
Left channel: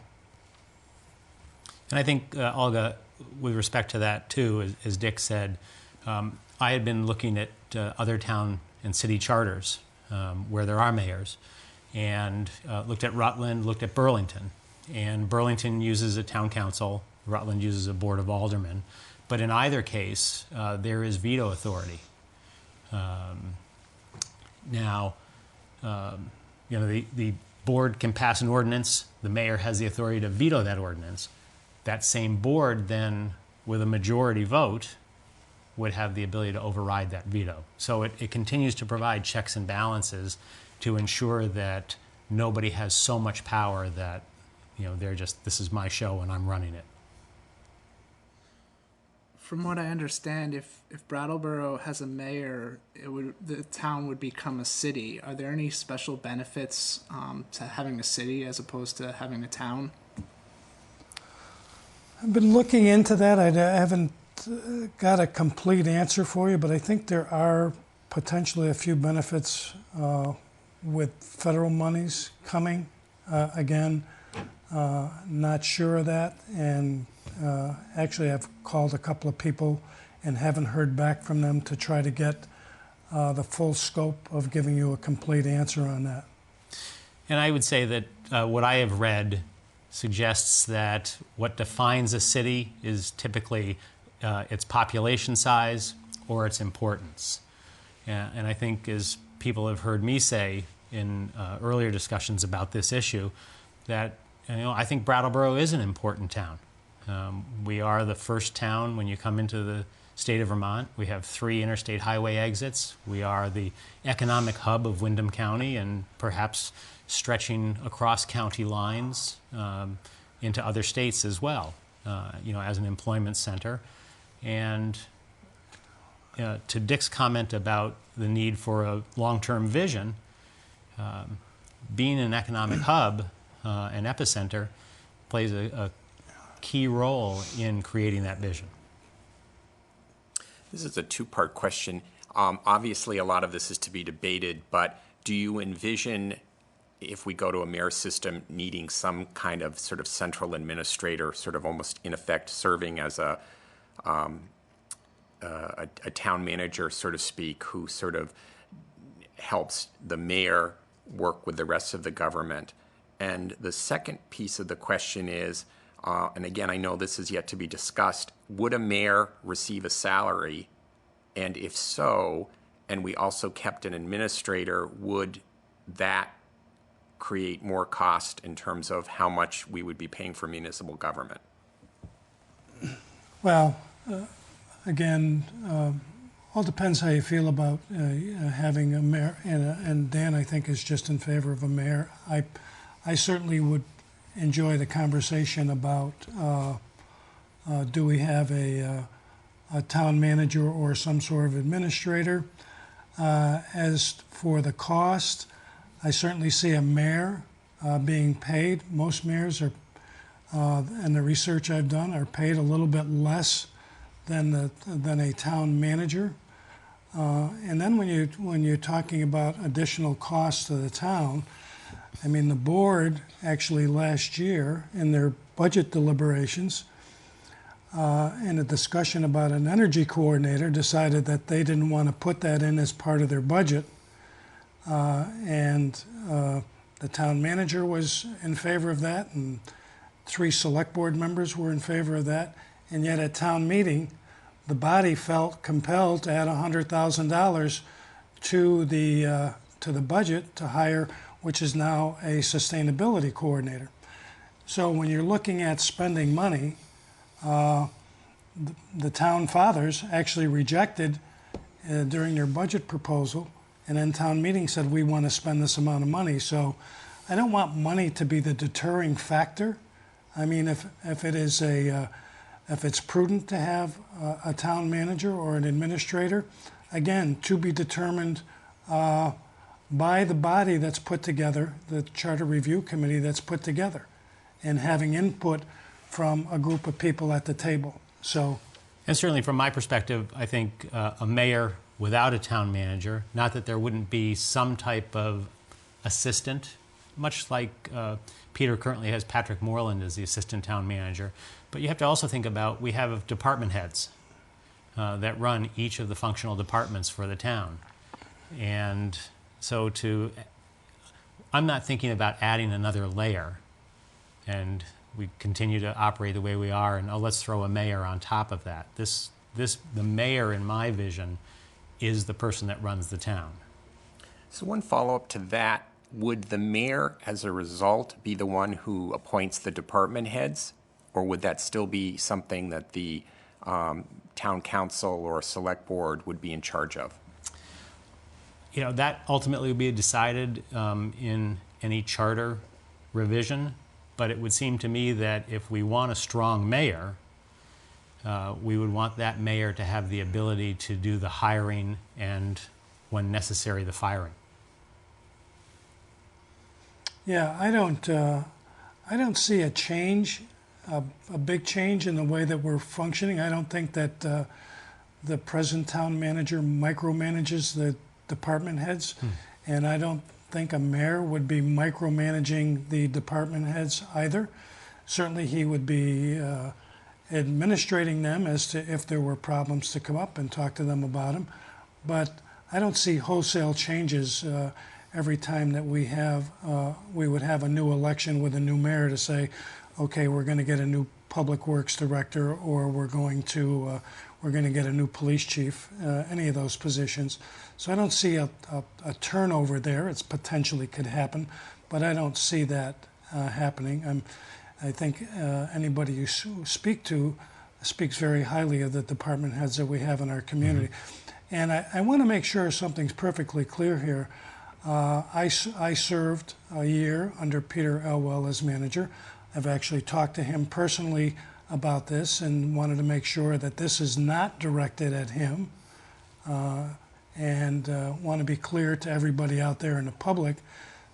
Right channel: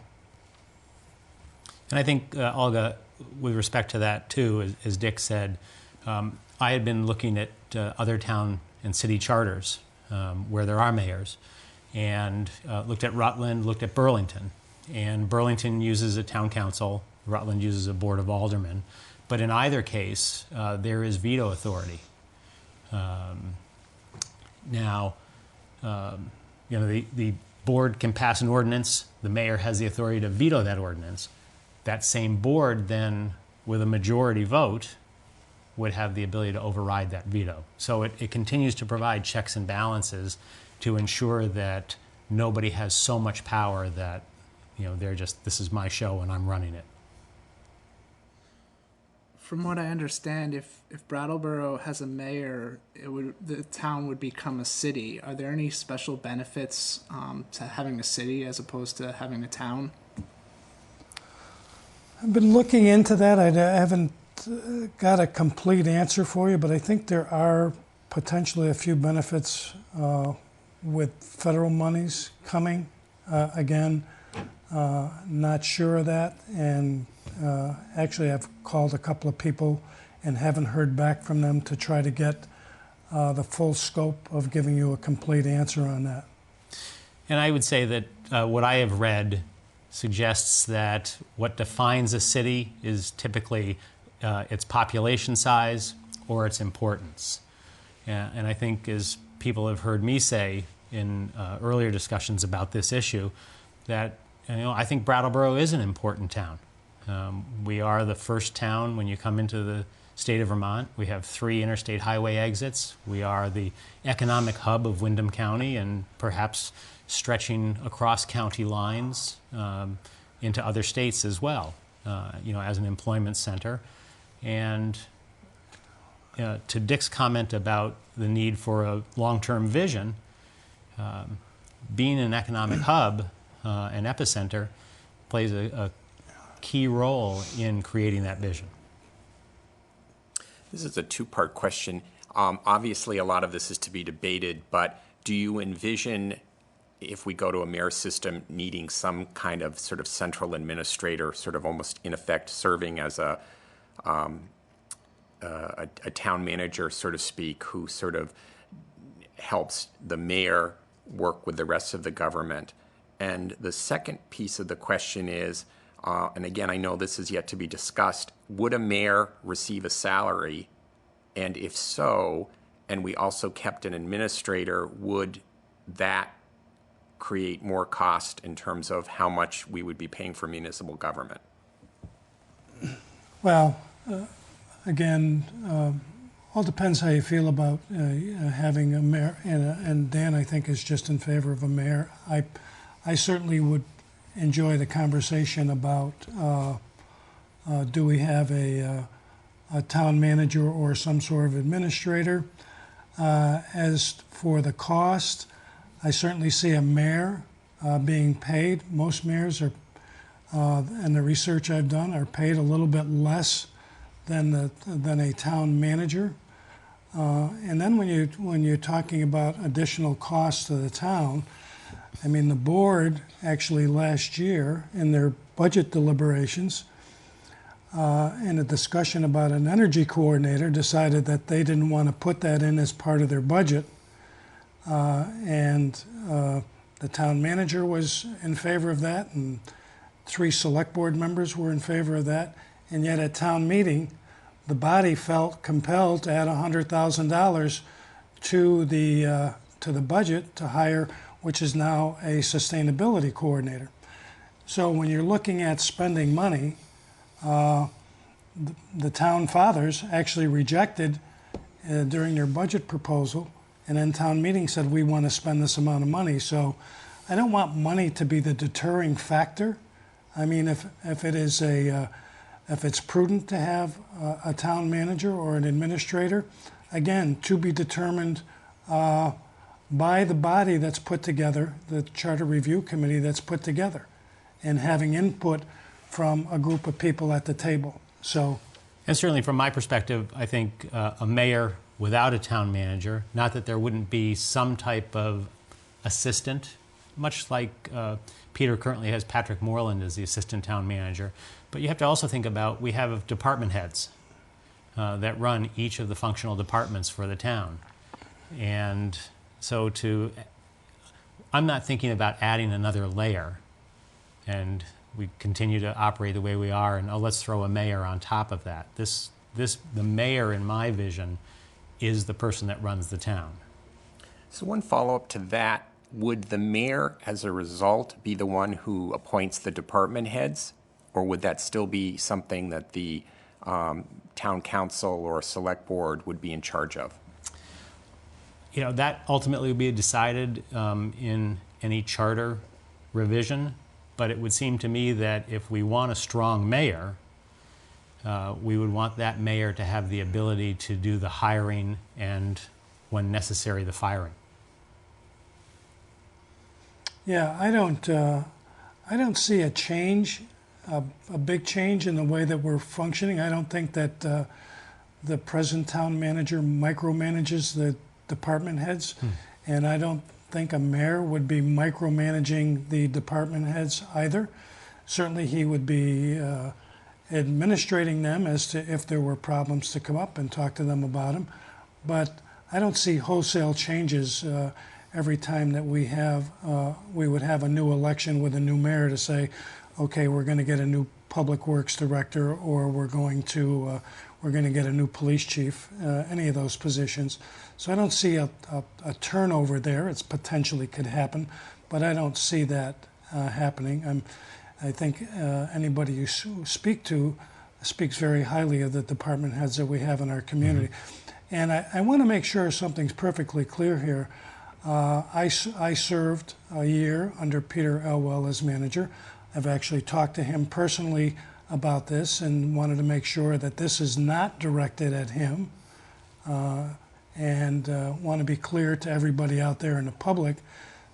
And I think, Olga, with respect to that too, as Dick said, I had been looking at other town and city charters where there are mayors, and looked at Rutland, looked at Burlington. And Burlington uses a town council, Rutland uses a board of aldermen. But in either case, there is veto authority. Now, you know, the board can pass an ordinance, the mayor has the authority to veto that ordinance. That same board then, with a majority vote, would have the ability to override that veto. So it continues to provide checks and balances to ensure that nobody has so much power that, you know, they're just, this is my show and I'm running it. From what I understand, if Brattleboro has a mayor, the town would become a city. Are there any special benefits to having a city as opposed to having a town? I've been looking into that. I haven't got a complete answer for you, but I think there are potentially a few benefits with federal monies coming. Again, not sure of that, and actually I've called a couple of people and haven't heard back from them to try to get the full scope of giving you a complete answer on that. And I would say that what I have read suggests that what defines a city is typically its population size or its importance. And I think, as people have heard me say in earlier discussions about this issue, that, you know, I think Brattleboro is an important town. We are the first town when you come into the state of Vermont. We have 3 interstate highway exits. We are the economic hub of Windham County, and perhaps stretching across county lines into other states as well, you know, as an employment center. And to Dick's comment about the need for a long-term vision, being an economic hub, an epicenter, plays a key role in creating that vision. This is a 2-part question. Obviously, a lot of this is to be debated, but do you envision, if we go to a mayor system, needing some kind of sort of central administrator, sort of almost in effect serving as a town manager, so to speak, who sort of helps the mayor work with the rest of the government? And the second piece of the question is, and again, I know this is yet to be discussed, would a mayor receive a salary? And if so, and we also kept an administrator, would that create more cost in terms of how much we would be paying for municipal government? Well, again, all depends how you feel about having a mayor, and Dan, I think, is just in favor of a mayor. I certainly would enjoy the conversation about do we have a town manager or some sort of administrator. As for the cost, I certainly see a mayor being paid. Most mayors are, and the research I've done, are paid a little bit less than a town manager. And then when you're talking about additional costs to the town, I mean, the board actually last year in their budget deliberations, in a discussion about an energy coordinator, decided that they didn't want to put that in as part of their budget. And the town manager was in favor of that, and 3 select board members were in favor of that. And yet at town meeting, the body felt compelled to add $100,000 to the budget to hire, which is now a sustainability coordinator. So when you're looking at spending money, the town fathers actually rejected during their budget proposal, and then town meeting said we want to spend this amount of money. So I don't want money to be the deterring factor. I mean, if it's prudent to have a town manager or an administrator, again, to be determined by the body that's put together, the Charter Review Committee that's put together, and having input from a group of people at the table. So, and certainly from my perspective, I think a mayor without a town manager, not that there wouldn't be some type of assistant, much like Peter currently has Patrick Moreland as the assistant town manager, but you have to also think about, we have department heads that run each of the functional departments for the town. And so I'm not thinking about adding another layer and we continue to operate the way we are and, oh, let's throw a mayor on top of that. The mayor, in my vision, is the person that runs the town. So one follow-up to that, would the mayor, as a result, be the one who appoints the department heads? Or would that still be something that the town council or select board would be in charge of? You know, that ultimately would be decided in any charter revision, but it would seem to me that if we want a strong mayor, we would want that mayor to have the ability to do the hiring and, when necessary, the firing. yeah, I don't see a change, a big change in the way that we're functioning. I don't think that the present town manager micromanages the department heads, and I don't think a mayor would be micromanaging the department heads either. Certainly he would be administrating them as to if there were problems to come up and talk to them about them. But I don't see wholesale changes every time that we would have a new election with a new mayor to say, okay, we're going to get a new public works director, or we're going to get a new police chief, any of those positions. So I don't see a turnover there. It's potentially could happen, but I don't see that happening. I think anybody you speak to speaks very highly of the department heads that we have in our community. And I want to make sure something's perfectly clear here. I served a year under Peter Elwell as manager. I've actually talked to him personally about this and wanted to make sure that this is not directed at him, and want to be clear to everybody out there in the public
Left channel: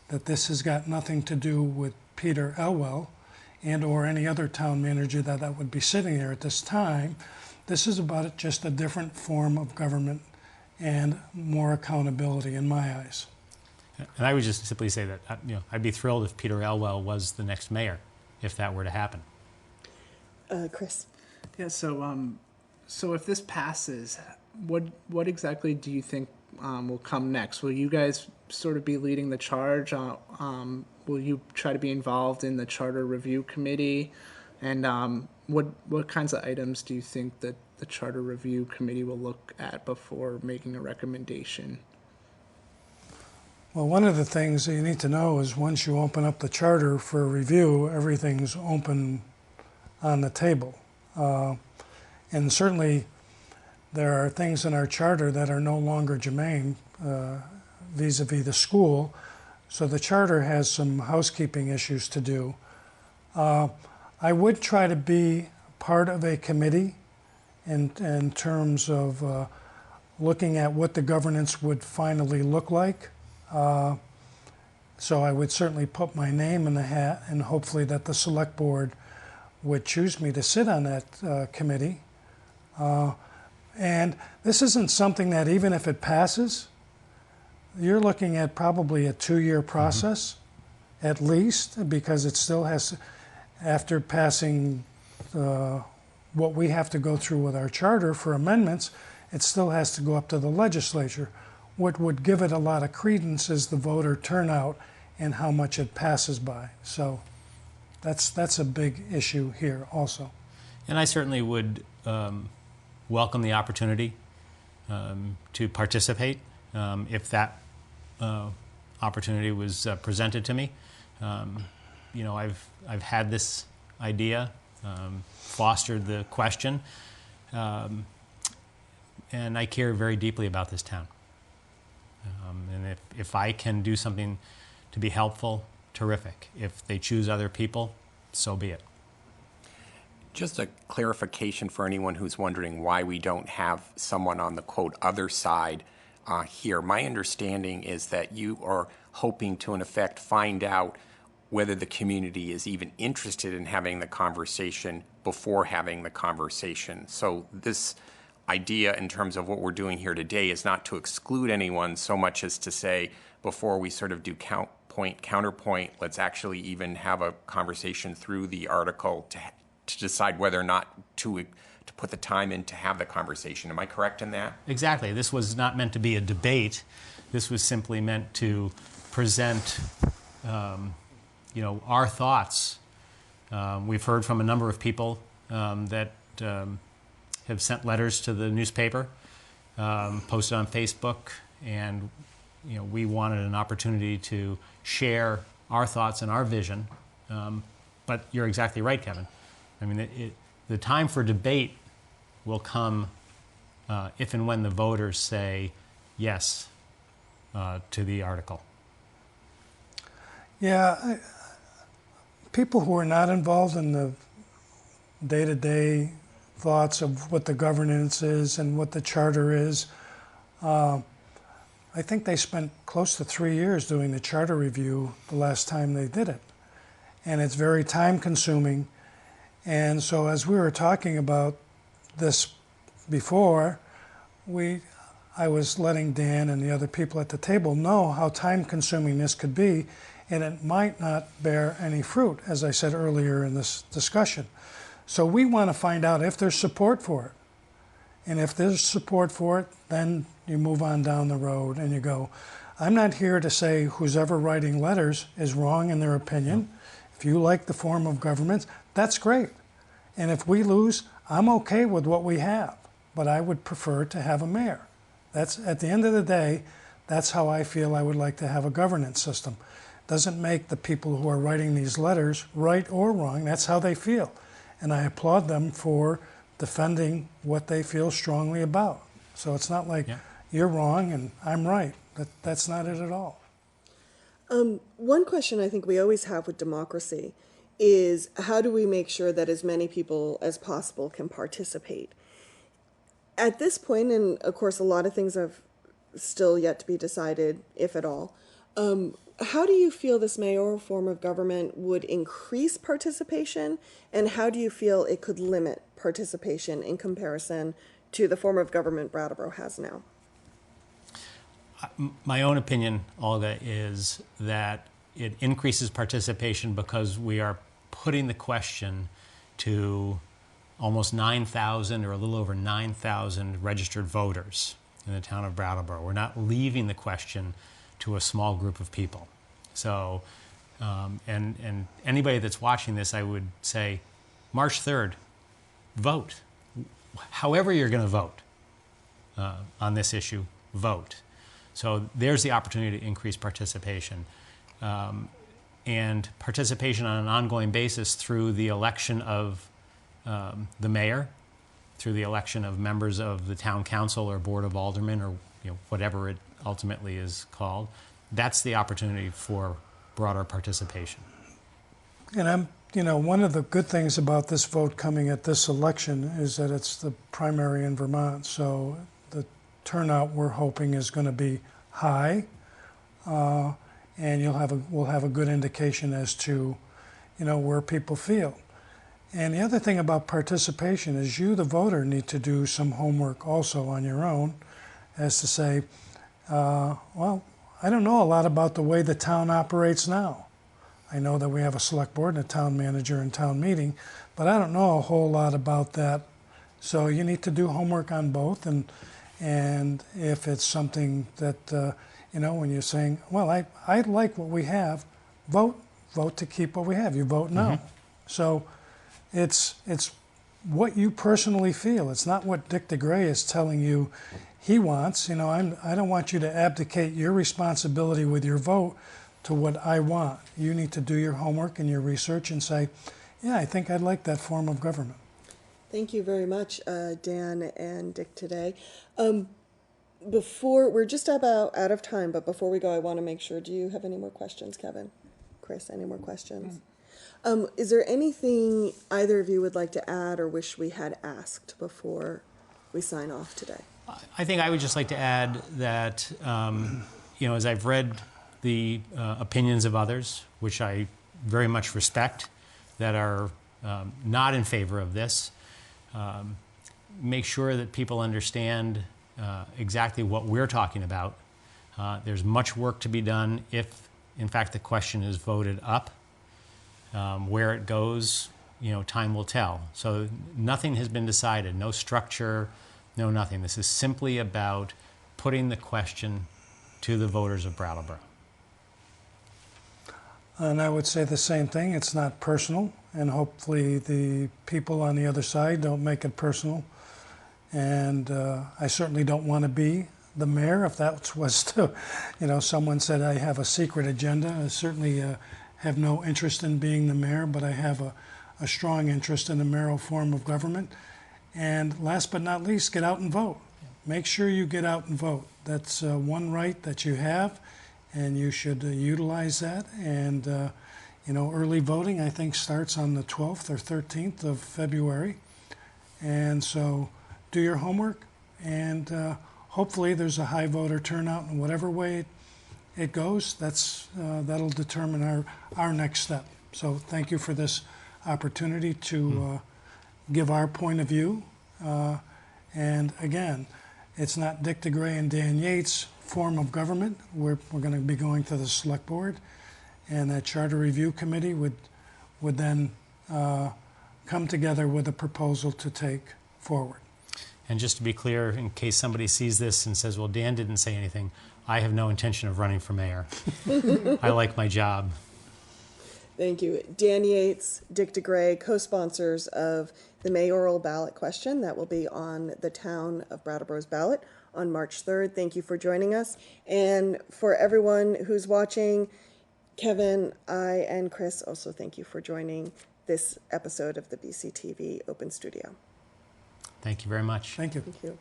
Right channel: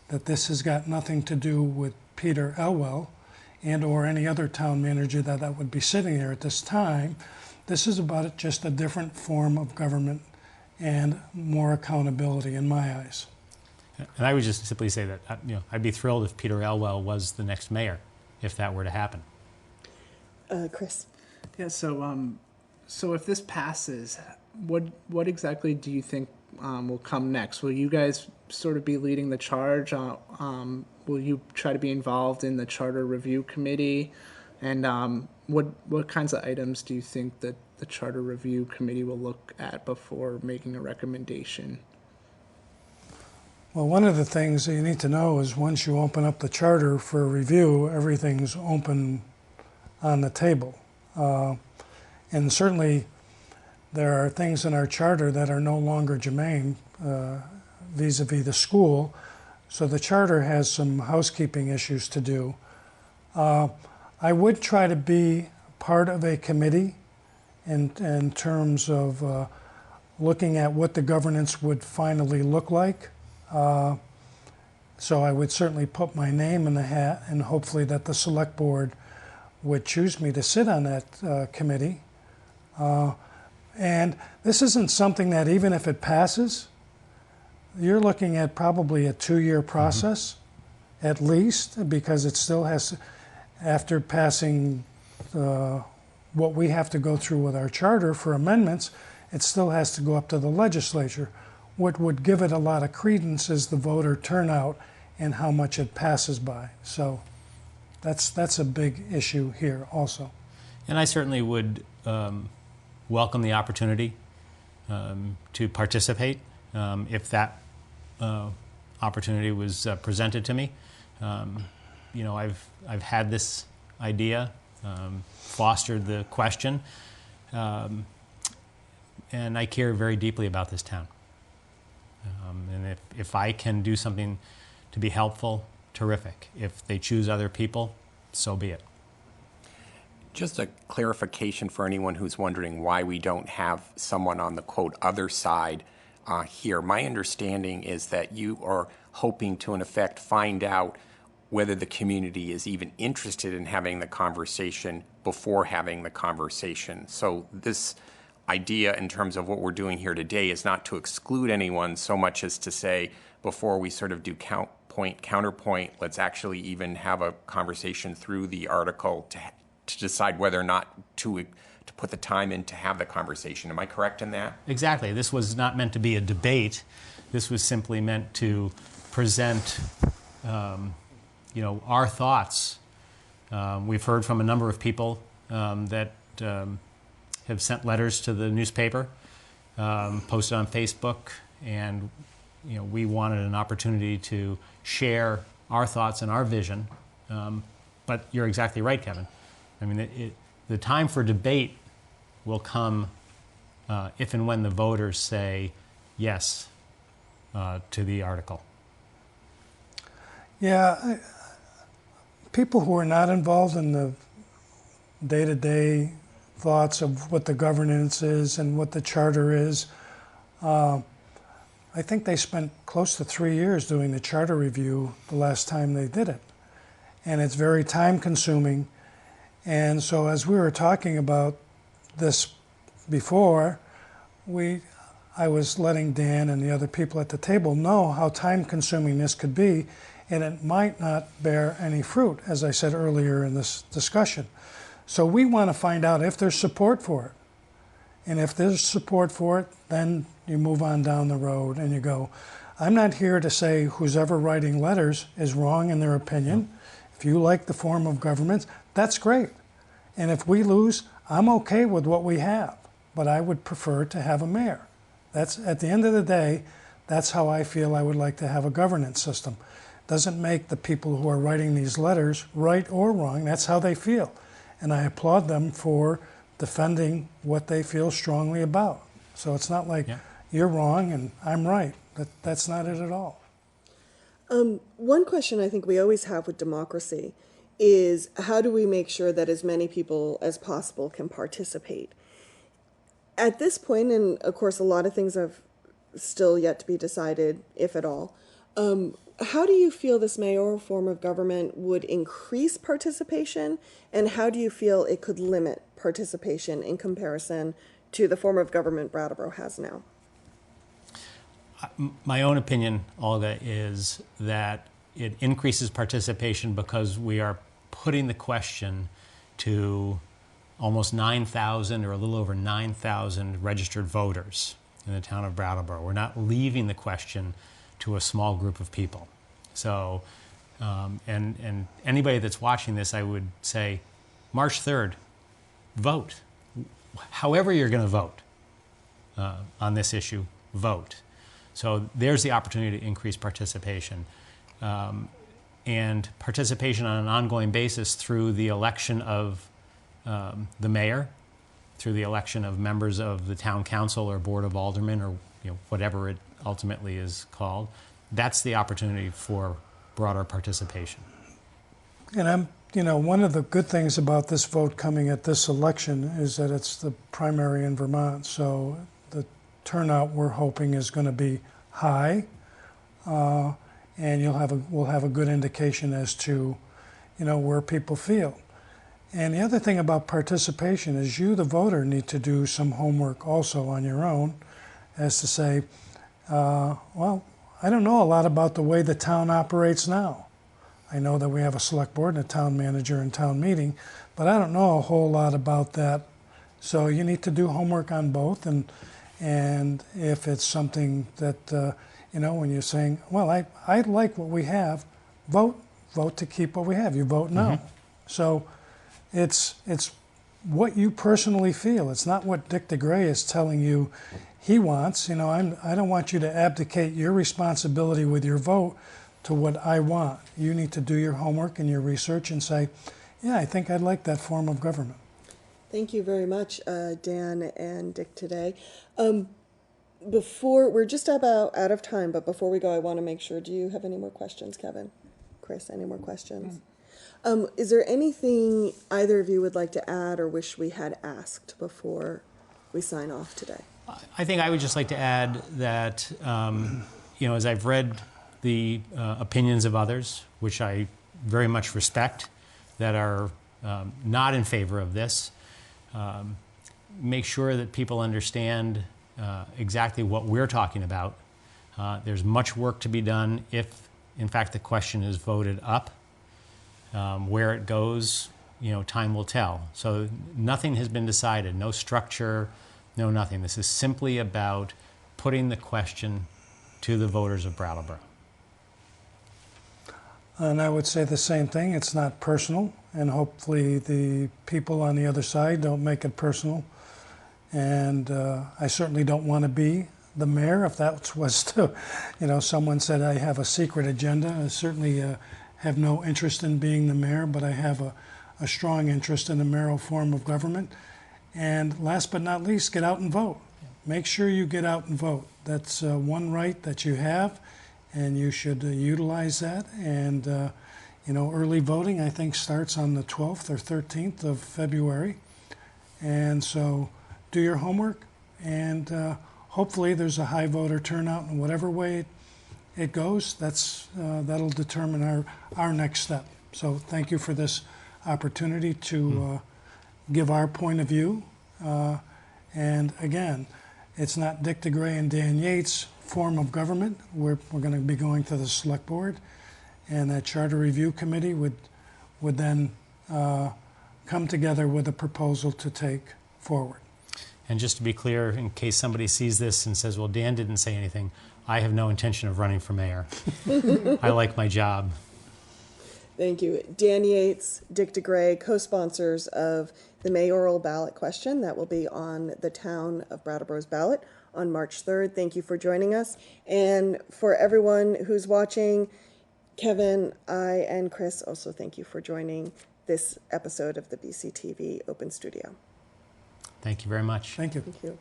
that this has got nothing to do with Peter Elwell and or any other town manager that would be sitting there at this time. This is about just a different form of government and more accountability in my eyes. And I would just simply say that I'd be thrilled if Peter Elwell was the next mayor, if that were to happen. Chris? Yeah, so if this passes, what exactly do you think will come next? Will you guys sort of be leading the charge? Will you try to be involved in the Charter Review Committee? And what kinds of items do you think that the Charter Review Committee will look at before making a recommendation? Well, one of the things that you need to know is once you open up the charter for review, everything's open on the table. And certainly there are things in our charter that are no longer germane vis-a-vis the school. So the charter has some housekeeping issues to do. I would try to be part of a committee in terms of looking at what the governance would finally look like. So I would certainly put my name in the hat, and hopefully that the select board would choose me to sit on that committee. And this isn't something that, even if it passes, you're looking at probably a 2-year process at least, because it still has to, after passing what we have to go through with our charter for amendments, it still has to go up to the legislature. What would give it a lot of credence is the voter turnout and how much it passes by. So that's a big issue here also. And I certainly would welcome the opportunity to participate if that opportunity was presented to me. You know, I've had this idea, fostered the question, and I care very deeply about this town. And if I can do something to be helpful, terrific. If they choose other people, so be it. Just a clarification for anyone who's wondering why we don't have someone on the quote other side here. My understanding is that you are hoping to, in effect, find out whether the community is even interested in having the conversation before having the conversation. So this idea in terms of what we're doing here today is not to exclude anyone so much as to say, before we sort of do counterpoint, let's actually even have a conversation through the article to decide whether or not to put the time in to have the conversation. Am I correct in that? Exactly. This was not meant to be a debate. This was simply meant to present, you know, our thoughts. We've heard from a number of people that have sent letters to the newspaper, posted on Facebook, and you know, we wanted an opportunity to share our thoughts and our vision. But you're exactly right, Kevin. I mean, the time for debate will come if and when the voters say yes to the article. Yeah, people who are not involved in the day-to-day thoughts of what the governance is and what the charter is, I think they spent close to 3 years doing the charter review the last time they did it. And it's very time-consuming. And so as we were talking about this before, I was letting Dan and the other people at the table know how time-consuming this could be, and it might not bear any fruit, as I said earlier in this discussion. So we want to find out if there's support for it. And if there's support for it, then you move on down the road and you go, I'm not here to say who's ever writing letters is wrong in their opinion. If you like the form of government, that's great. And if we lose, I'm okay with what we have, but I would prefer to have a mayor. That's, at the end of the day, that's how I feel I would like to have a governance system. Doesn't make the people who are writing these letters right or wrong, that's how they feel. And I applaud them for defending what they feel strongly about. So it's not like you're wrong and I'm right. That's not it at all. One question I think we always have with democracy is how do we make sure that as many people as possible can participate? At this point, and of course a lot of things have still yet to be decided, if at all, how do you feel this mayoral form of government would increase participation, and how do you feel it could limit participation in comparison to the form of government Brattleboro has now? My own opinion, Olga, is that it increases participation because we are putting the question to almost 9,000 or a little over 9,000 registered voters in the town of Brattleboro. We're not leaving the question to a small group of people. So, and anybody that's watching this, I would say, March 3rd, vote. However you're going to vote on this issue, vote. So there's the opportunity to increase participation. And participation on an ongoing basis through the election of the mayor, through the election of members of the town council or board of aldermen, or whatever it ultimately is called. That's the opportunity for broader participation. And one of the good things about this vote coming at this election is that it's the primary in Vermont. So the turnout we're hoping is going to be high, and we'll have a good indication as to, where people feel. And the other thing about participation is you, the voter, need to do some homework also on your own, as to say, well, I don't know a lot about the way the town operates now. I know that we have a select board and a town manager and town meeting, but I don't know a whole lot about that. So you need to do homework on both, and if it's something that, when you're saying, well, I like what we have, vote to keep what we have. You vote no. Mm-hmm. So it's what you personally feel. It's not what Dick DeGray is telling you he wants. You know, I don't want you to abdicate your responsibility with your vote to what I want. You need to do your homework and your research and say, yeah, I think I'd like that form of government. Thank you very much, Dan and Dick, today. Before, we're just about out of time, but before we go, I want to make sure, do you have any more questions, Kevin? Chris, any more questions? Is there anything either of you would like to add or wish we had asked before we sign off today? I think I would just like to add that, as I've read the opinions of others, which I very much respect, that are not in favor of this, make sure that people understand exactly what we're talking about. There's much work to be done if, in fact, the question is voted up. Where it goes, time will tell. So nothing has been decided, no structure, no nothing. This is simply about putting the question to the voters of Brattleboro. And I would say the same thing. It's not personal, and hopefully the people on the other side don't make it personal. And I certainly don't want to be the mayor. If that was to, someone said I have a secret agenda, I certainly have no interest in being the mayor, but I have a strong interest in the mayoral form of government. And last but not least, get out and vote. Make sure you get out and vote. That's one right that you have, and you should utilize that. And, early voting, I think, starts on the 12th or 13th of February. And so do your homework, and hopefully there's a high voter turnout in whatever way it goes. That'll determine our next step. So thank you for this opportunity to give our point of view. And again, it's not Dick DeGray and Dan Yates' form of government. We're going to be going to the select board, and that charter review committee would then come together with a proposal to take forward. And just to be clear, in case somebody sees this and says, well, Dan didn't say anything, I have no intention of running for mayor. I like my job. Thank you. Dan Yates, Dick DeGray, co-sponsors of the mayoral ballot question that will be on the town of Brattleboro's ballot on March 3rd. Thank you for joining us. And for everyone who's watching, Kevin, I, and Chris also thank you for joining this episode of the BCTV Open Studio. Thank you very much. Thank you. Thank you.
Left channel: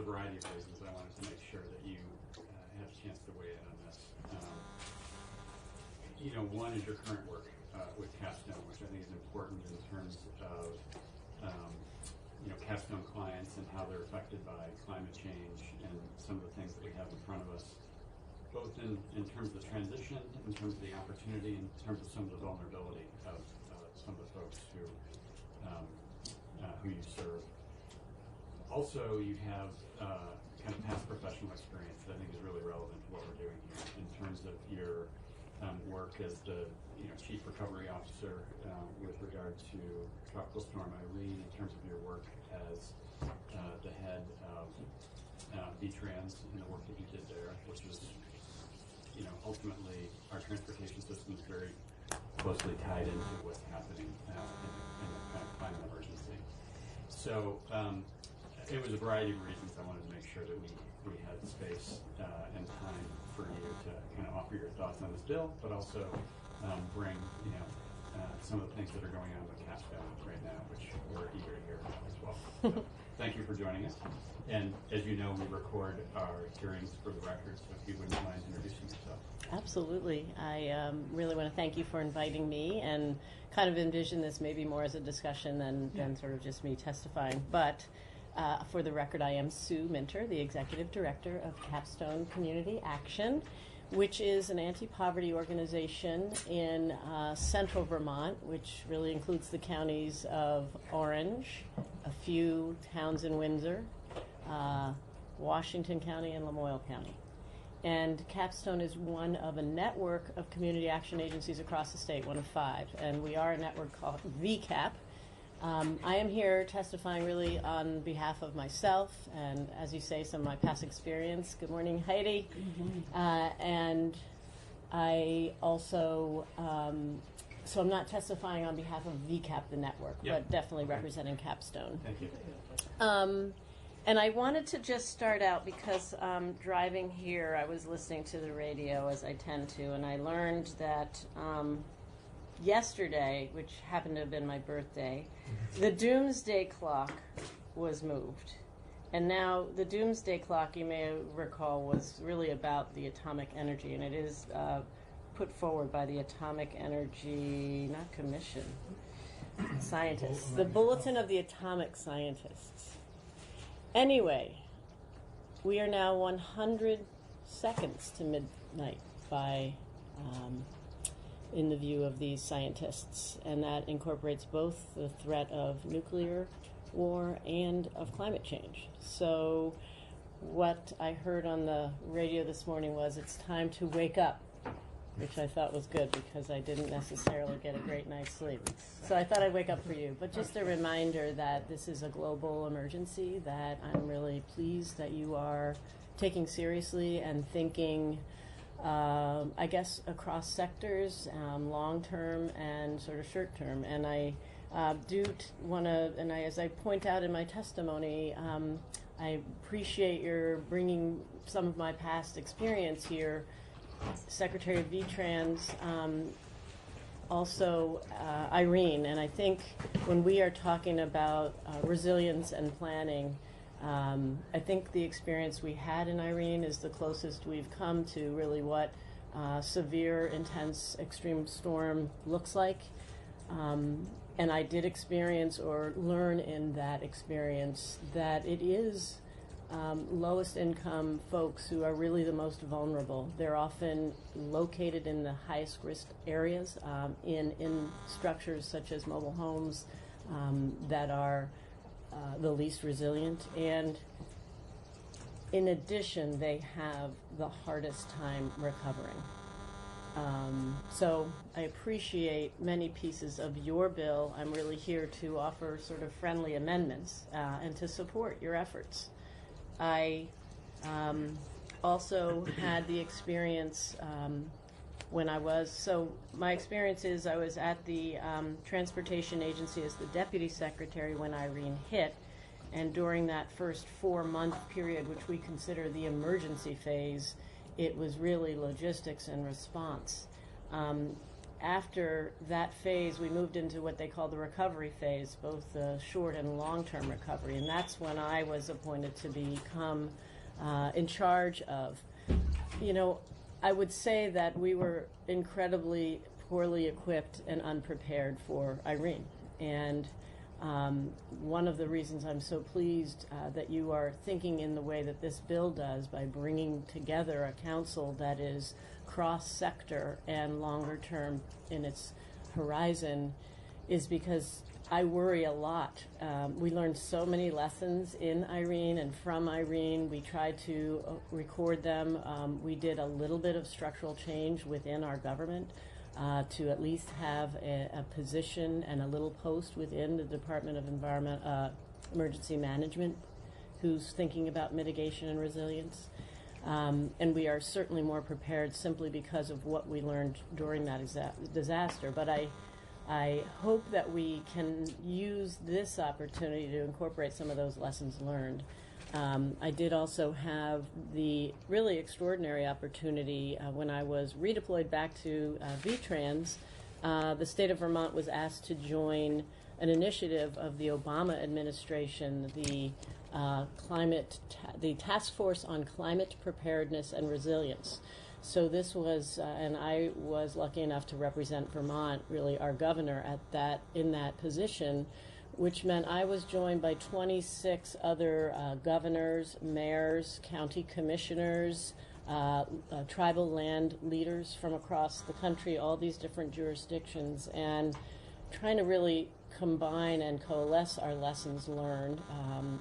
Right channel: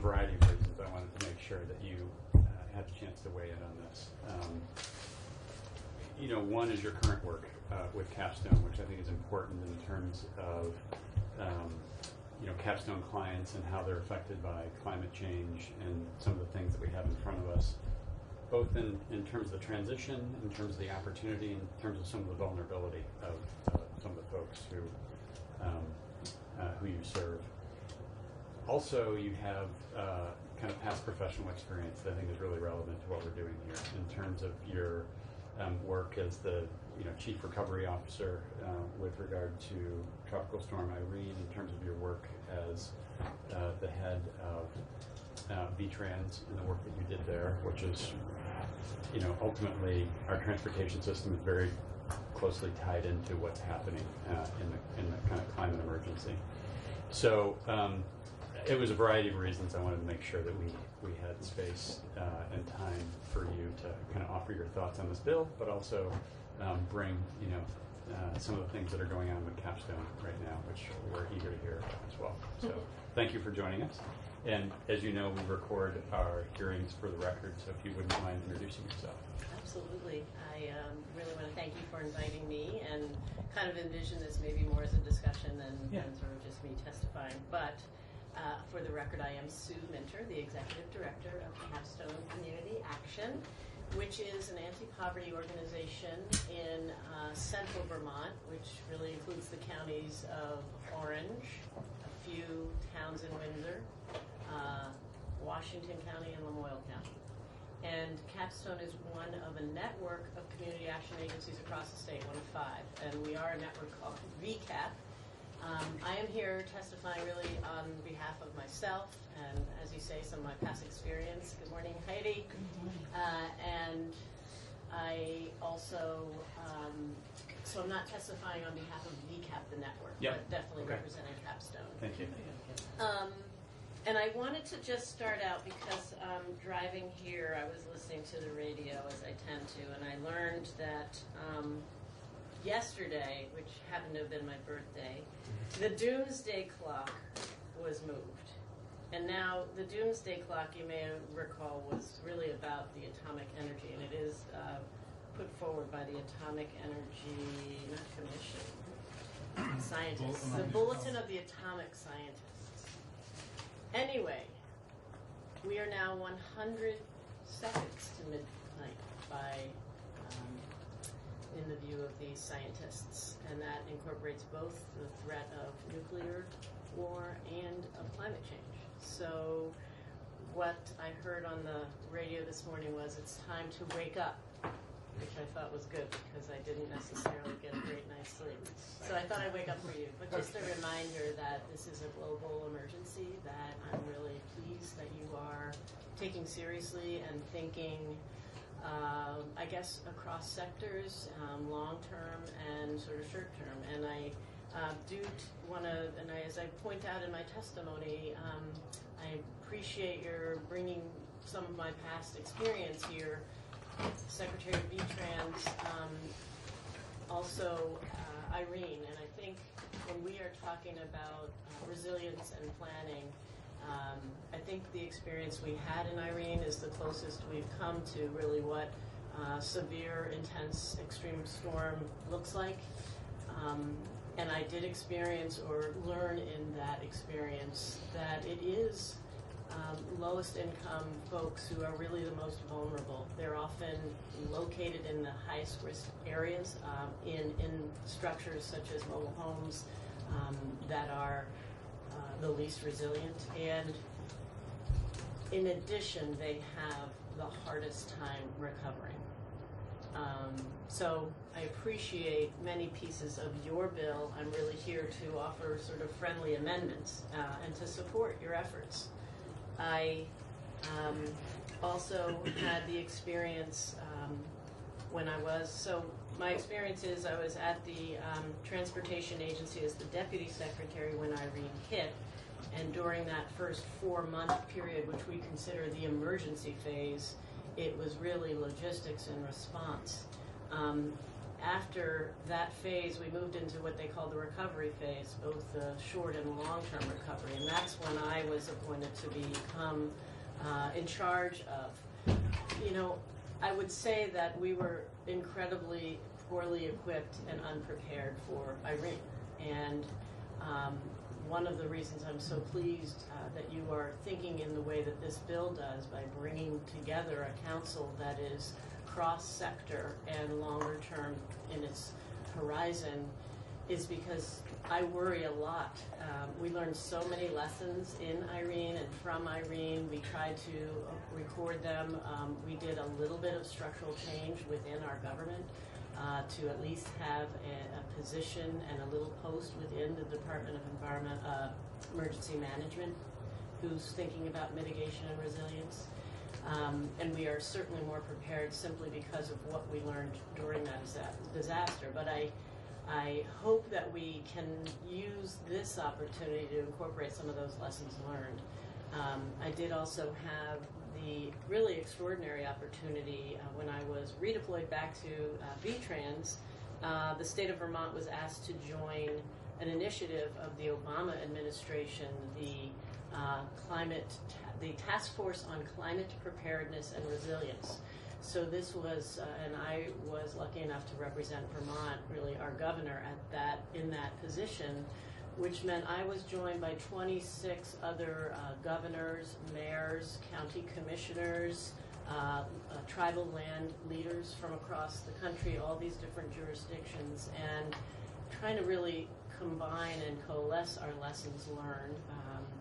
a variety of reasons. I wanted to make sure that you had a chance to weigh in on this. One is your current work with Capstone, which I think is important in terms of Capstone clients and how they're affected by climate change and some of the things that we have in front of us, both in terms of the transition, in terms of the opportunity, in terms of some of the vulnerability of some of the folks who you serve. Also, you have kind of past professional experience that I think is really relevant to what we're doing here in terms of your work as the Chief Recovery Officer with regard to Tropical Storm Irene, in terms of your work as the head of VTrans and the work that you did there, which is, ultimately our transportation system is very closely tied into what's happening in the kind of climate emergency. So it was a variety of reasons I wanted to make sure that we had space and time for you to kind of offer your thoughts on this bill, but also bring some of the things that are going on with Capstone right now, which we're eager to hear about as well. So thank you for joining us. And as you know, we record our hearings for the record, so if you wouldn't mind introducing yourself. Absolutely. I really want to thank you for inviting me and kind of envision this maybe more as a discussion than sort of just me testifying. But for the record, I am Sue Minter, the Executive Director of Capstone Community Action, which is an anti-poverty organization in central Vermont, which really includes the counties of Orange, a few towns in Windsor, Washington County, and Lamoille County. And Capstone is one of a network of community action agencies across the state, one of 5. And we are a network called VCAP. I am here testifying really on behalf of myself and, as you say, some of my past experience. Good morning, Heidi. Good morning. And I also, so I'm not testifying on behalf of VCAP, the network, but definitely representing Capstone. Thank you. And I wanted to just start out because driving here, I was listening to the radio as I tend to, and I learned that yesterday, which happened to have been my birthday, the doomsday clock was moved. And now the doomsday clock, you may recall, was really about the atomic energy, and it is put forward by the Atomic Energy, not Commission, scientists, the Bulletin of the Atomic Scientists. Anyway, we are now 100 seconds to midnight by in the view of these scientists, and that incorporates both the threat of nuclear war and of climate change. So what I heard on the radio this morning was it's time to wake up, which I thought was good because I didn't necessarily get a great night's sleep. So I thought I'd wake up for you. But just a reminder that this is a global emergency that I'm really pleased that you are taking seriously and thinking I guess across sectors, long-term and sort of short-term. And I do want to, and as I point out in my testimony, I appreciate your bringing some of my past experience here, Secretary of VTrans, also Irene. And I think when we are talking about resilience and planning, I think the experience we had in Irene is the closest we've come to really what severe, intense, extreme storm looks like. And I did experience or learn in that experience that it is lowest income folks who are really the most vulnerable. They're often located in the highest risk areas, in structures such as mobile homes that are the least resilient, and in addition, they have the hardest time recovering. So I appreciate many pieces of your bill. I'm really here to offer sort of friendly amendments and to support your efforts. I also had the experience when I was, so my experience is I was at the Transportation Agency as the Deputy Secretary when Irene hit, and during that first 4-month period, which we consider the emergency phase, it was really logistics and response. after that phase, we moved into what they call the recovery phase, both the short and long-term recovery, and that's when I was appointed to become in charge of. You know, I would say that we were incredibly poorly equipped and unprepared for Irene, and one of the reasons I'm so pleased that you are thinking in the way that this bill does by bringing together a council that is cross-sector and longer term in its horizon is because I worry a lot. We learned so many lessons in Irene and from Irene. We tried to record them. We did a little bit of structural change within our government to at least have a position and a little post within the Department of Emergency Management who's thinking about mitigation and resilience. And we are certainly more prepared simply because of what we learned during that disaster. But I hope that we can use this opportunity to incorporate some of those lessons learned. I did also have the really extraordinary opportunity when I was redeployed back to VTrans. The state of Vermont was asked to join an initiative of the Obama administration, the Task Force on Climate Preparedness and Resilience. So this was, and I was lucky enough to represent Vermont, really our governor in that position, which meant I was joined by 26 other governors, mayors, county commissioners, tribal land leaders from across the country, all these different jurisdictions, and trying to really combine and coalesce our lessons learned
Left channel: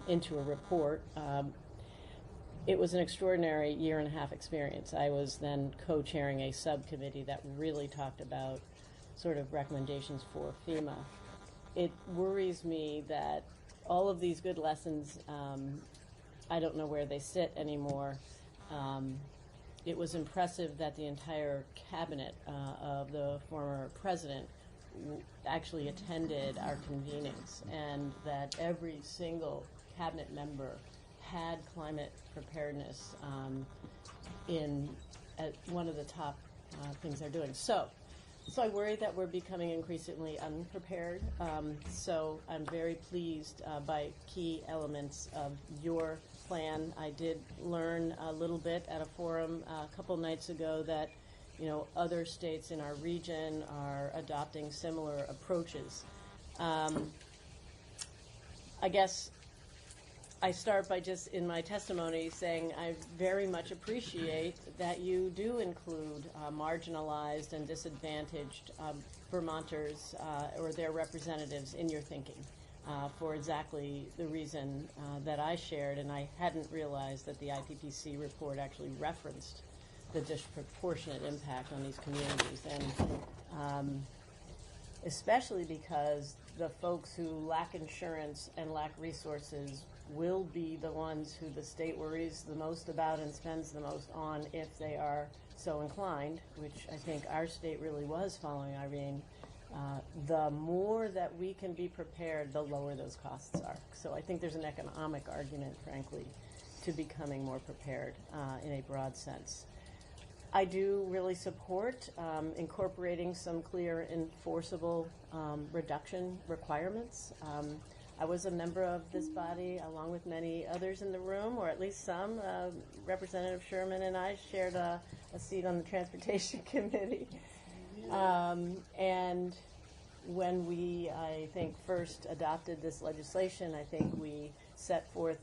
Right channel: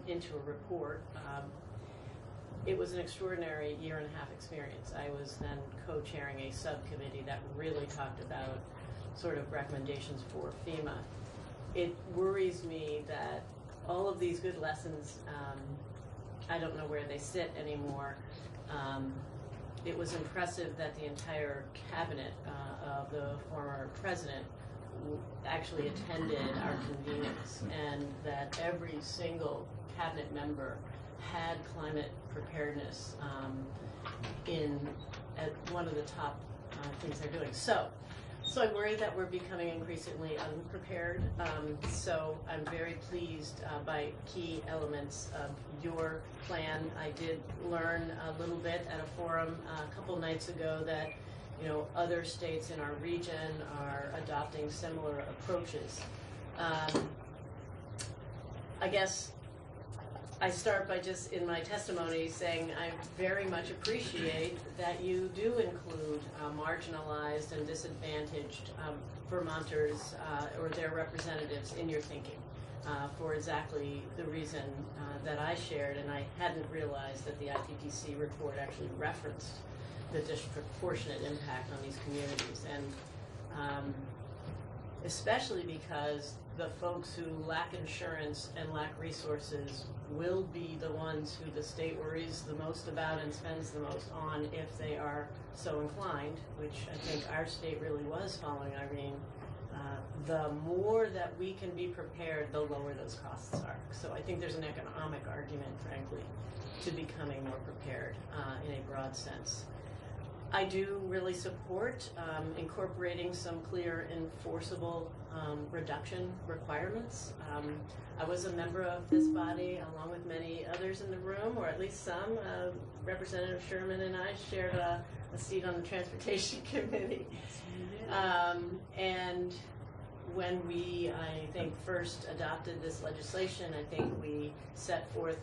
into a report. It was an extraordinary year-and-a-half experience. I was then co-chairing a subcommittee that really talked about sort of recommendations for FEMA. It worries me that all of these good lessons, I don't know where they sit anymore. It was impressive that the entire cabinet of the former president actually attended our convenings, and that every single cabinet member had climate preparedness at one of the top things they're doing. So I worry that we're becoming increasingly unprepared. So I'm very pleased by key elements of your plan. I did learn a little bit at a forum a couple nights ago that other states in our region are adopting similar approaches. I guess I start by just in my testimony saying I very much appreciate that you do include marginalized and disadvantaged Vermonters or their representatives in your thinking for exactly the reason that I shared, and I hadn't realized that the IPPC report actually referenced the disproportionate impact on these communities, and especially because the folks who lack insurance and lack resources will be the ones who the state worries the most about and spends the most on if they are so inclined, which I think our state really was following Irene. The more that we can be prepared, the lower those costs are. So I think there's an economic argument, frankly, to becoming more prepared in a broad sense. I do really support incorporating some clear enforceable reduction requirements. I was a member of this body along with many others in the room, or at least some. Representative Sherman and I shared a seat on the Transportation Committee. And when we, I think, first adopted this legislation, I think we set forth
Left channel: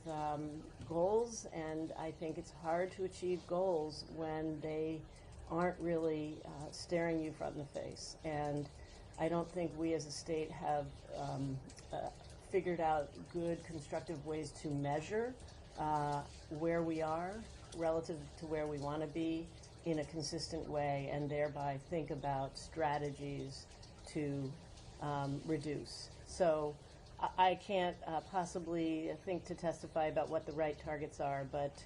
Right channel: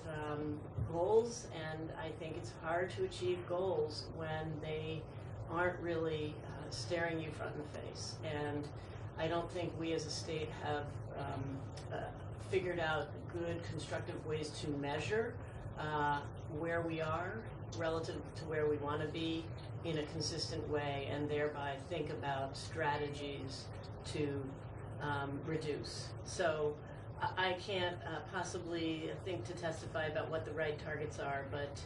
goals, and I think it's hard to achieve goals when they aren't really staring you front in the face. And I don't think we as a state have figured out good, constructive ways to measure where we are relative to where we want to be in a consistent way, and thereby think about strategies to reduce. So I can't possibly think to testify about what the right targets are, but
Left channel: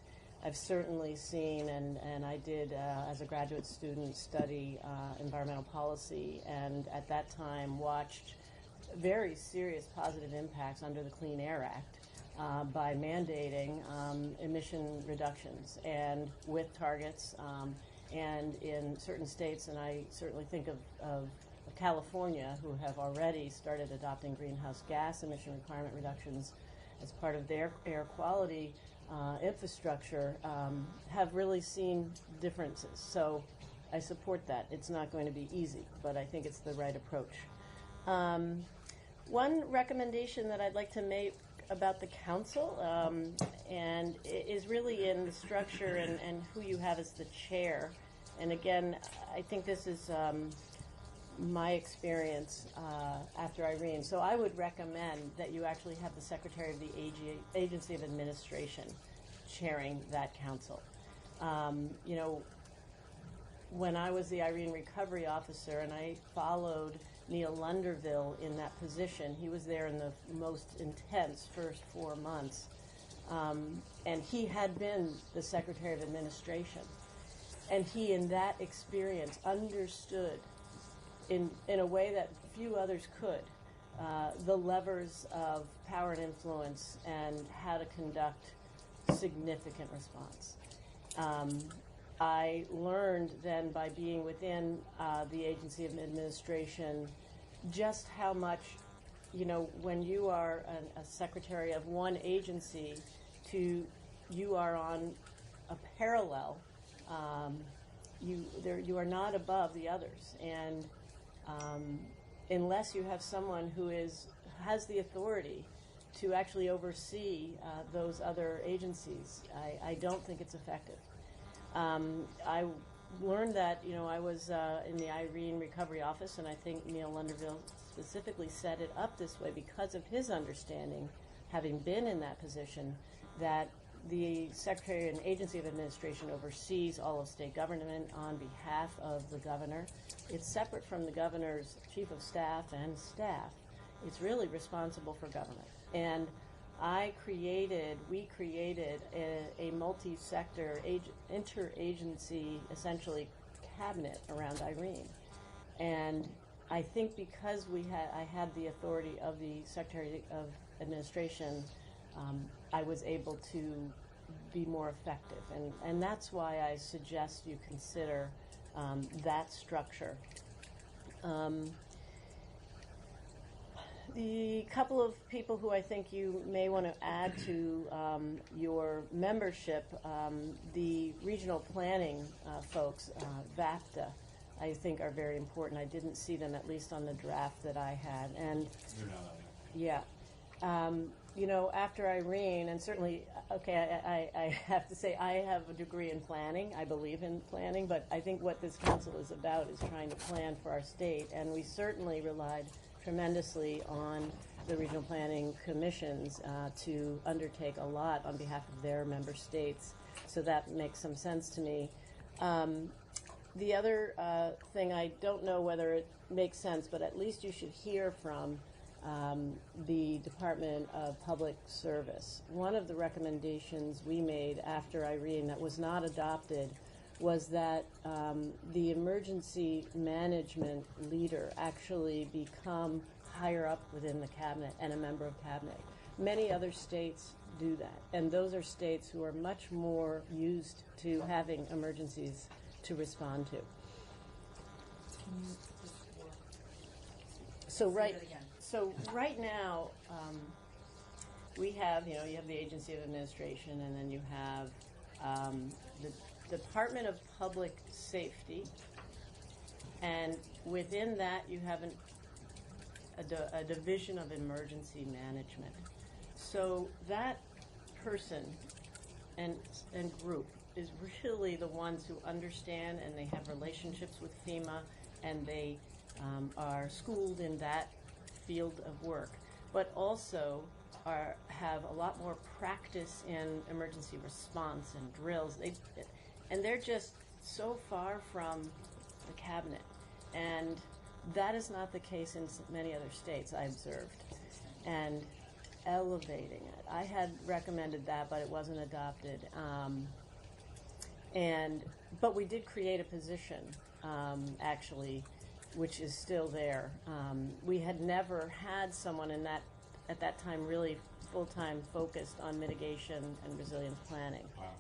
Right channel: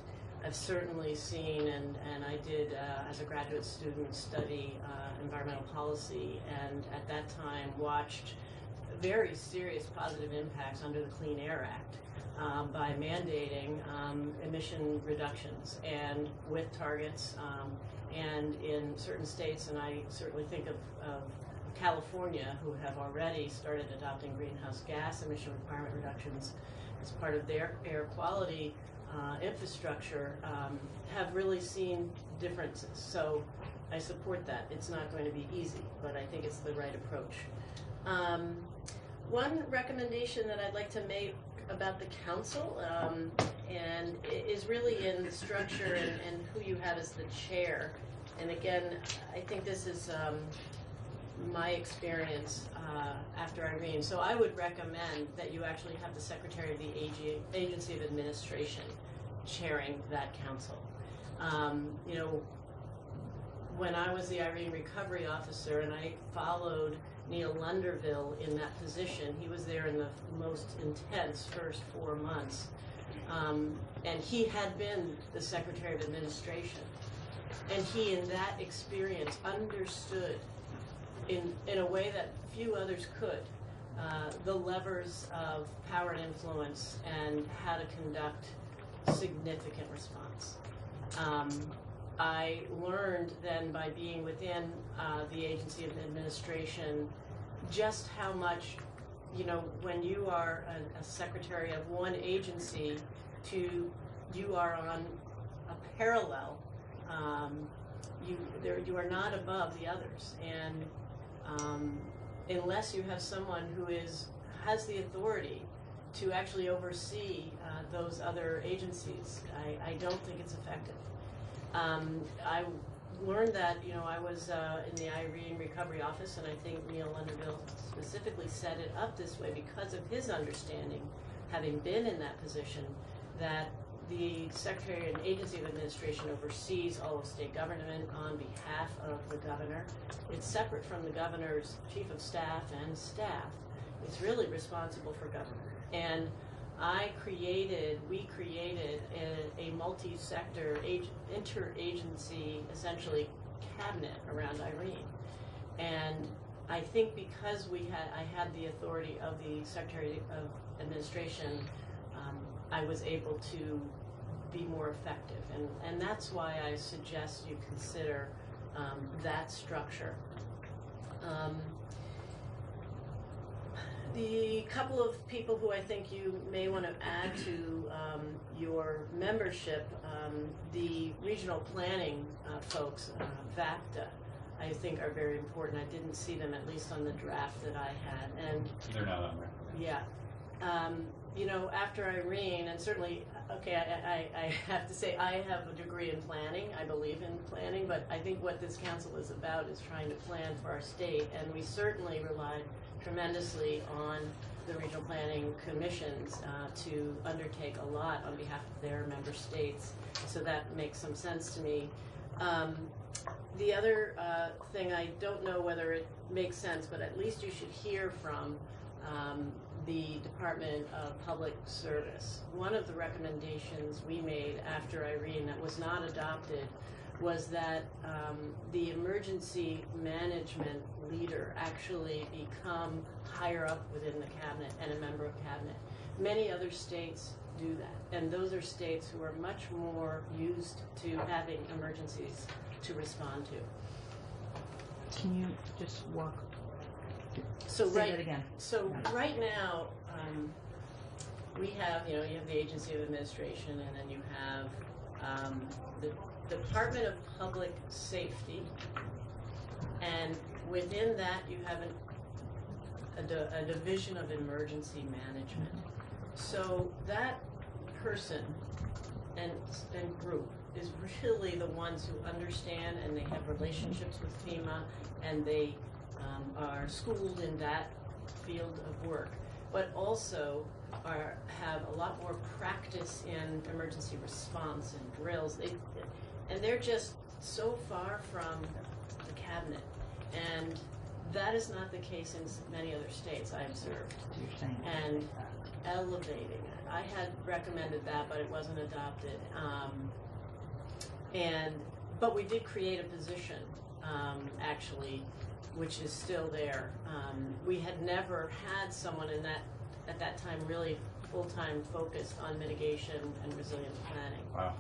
I've certainly seen, and I did as a graduate student study environmental policy, and at that time watched very serious positive impacts under the Clean Air Act by mandating emission reductions and with targets And in certain states, and I certainly think of California, who have already started adopting greenhouse gas emission requirement reductions as part of their air quality infrastructure, have really seen differences. So I support that. It's not going to be easy, but I think it's the right approach. One recommendation that I'd like to make about the council and is really in the structure and who you have as the chair. And again, I think this is my experience after Irene. So I would recommend that you actually have the Secretary of the Agency of Administration chairing that council. You know, when I was the Irene Recovery Officer and I followed Neil Lunderville in that position, he was there in the most intense first 4 months. And he had been the Secretary of Administration. And he, in that experience, understood in a way that few others could, the levers of power and influence and how to conduct significant response. I learned then by being within the Agency of Administration just how much, you know, when you are a secretary of one agency you are on a parallel, you are not above the others. And unless you have someone who has the authority to actually oversee those other agencies, I don't think it's effective. I learned that, you know, I was in the Irene Recovery Office, and I think Neil Lunderville specifically set it up this way because of his understanding, having been in that position, that the Secretary and Agency of Administration oversees all of state government on behalf of the governor. It's separate from the governor's chief of staff and staff. It's really responsible for government. And we created a multi-sector interagency, essentially, cabinet around Irene. And I think because I had the authority of the Secretary of Administration, I was able to be more effective. And that's why I suggest you consider that structure. The couple of people who I think you may want to add to your membership, the regional planning folks, VACTA, I think are very important. I didn't see them, at least on the draft that I had. And they're not on there. Yeah. You know, after Irene, and certainly, okay, I have to say I have a degree in planning. I believe in planning, but I think what this council is about is trying to plan for our state, and we certainly relied tremendously on the regional planning commissions to undertake a lot on behalf of their member states. So that makes some sense to me. The other thing, I don't know whether it makes sense, but at least you should hear from the Department of Public Service. One of the recommendations we made after Irene that was not adopted was that the emergency management leader actually become higher up within the cabinet and a member of cabinet. Many other states do that, and those are states who are much more used to having emergencies to respond to. Can you just walk? So Say it again. So right now, we have, you know, you have the Agency of Administration, and then you have the Department of Public Safety, and within that you have a division of emergency management. So that person and group is really the ones who understand, and they have relationships with FEMA, and they are schooled in that field of work, but also have a lot more practice in emergency response and drills. And they're just so far from the cabinet. And that is not the case in many other states, I observed. And elevating it. I had recommended that, but it wasn't adopted. But we did create a position, actually, which is still there. We had never had someone at that time really full-time focused on mitigation and resilience planning. Wow.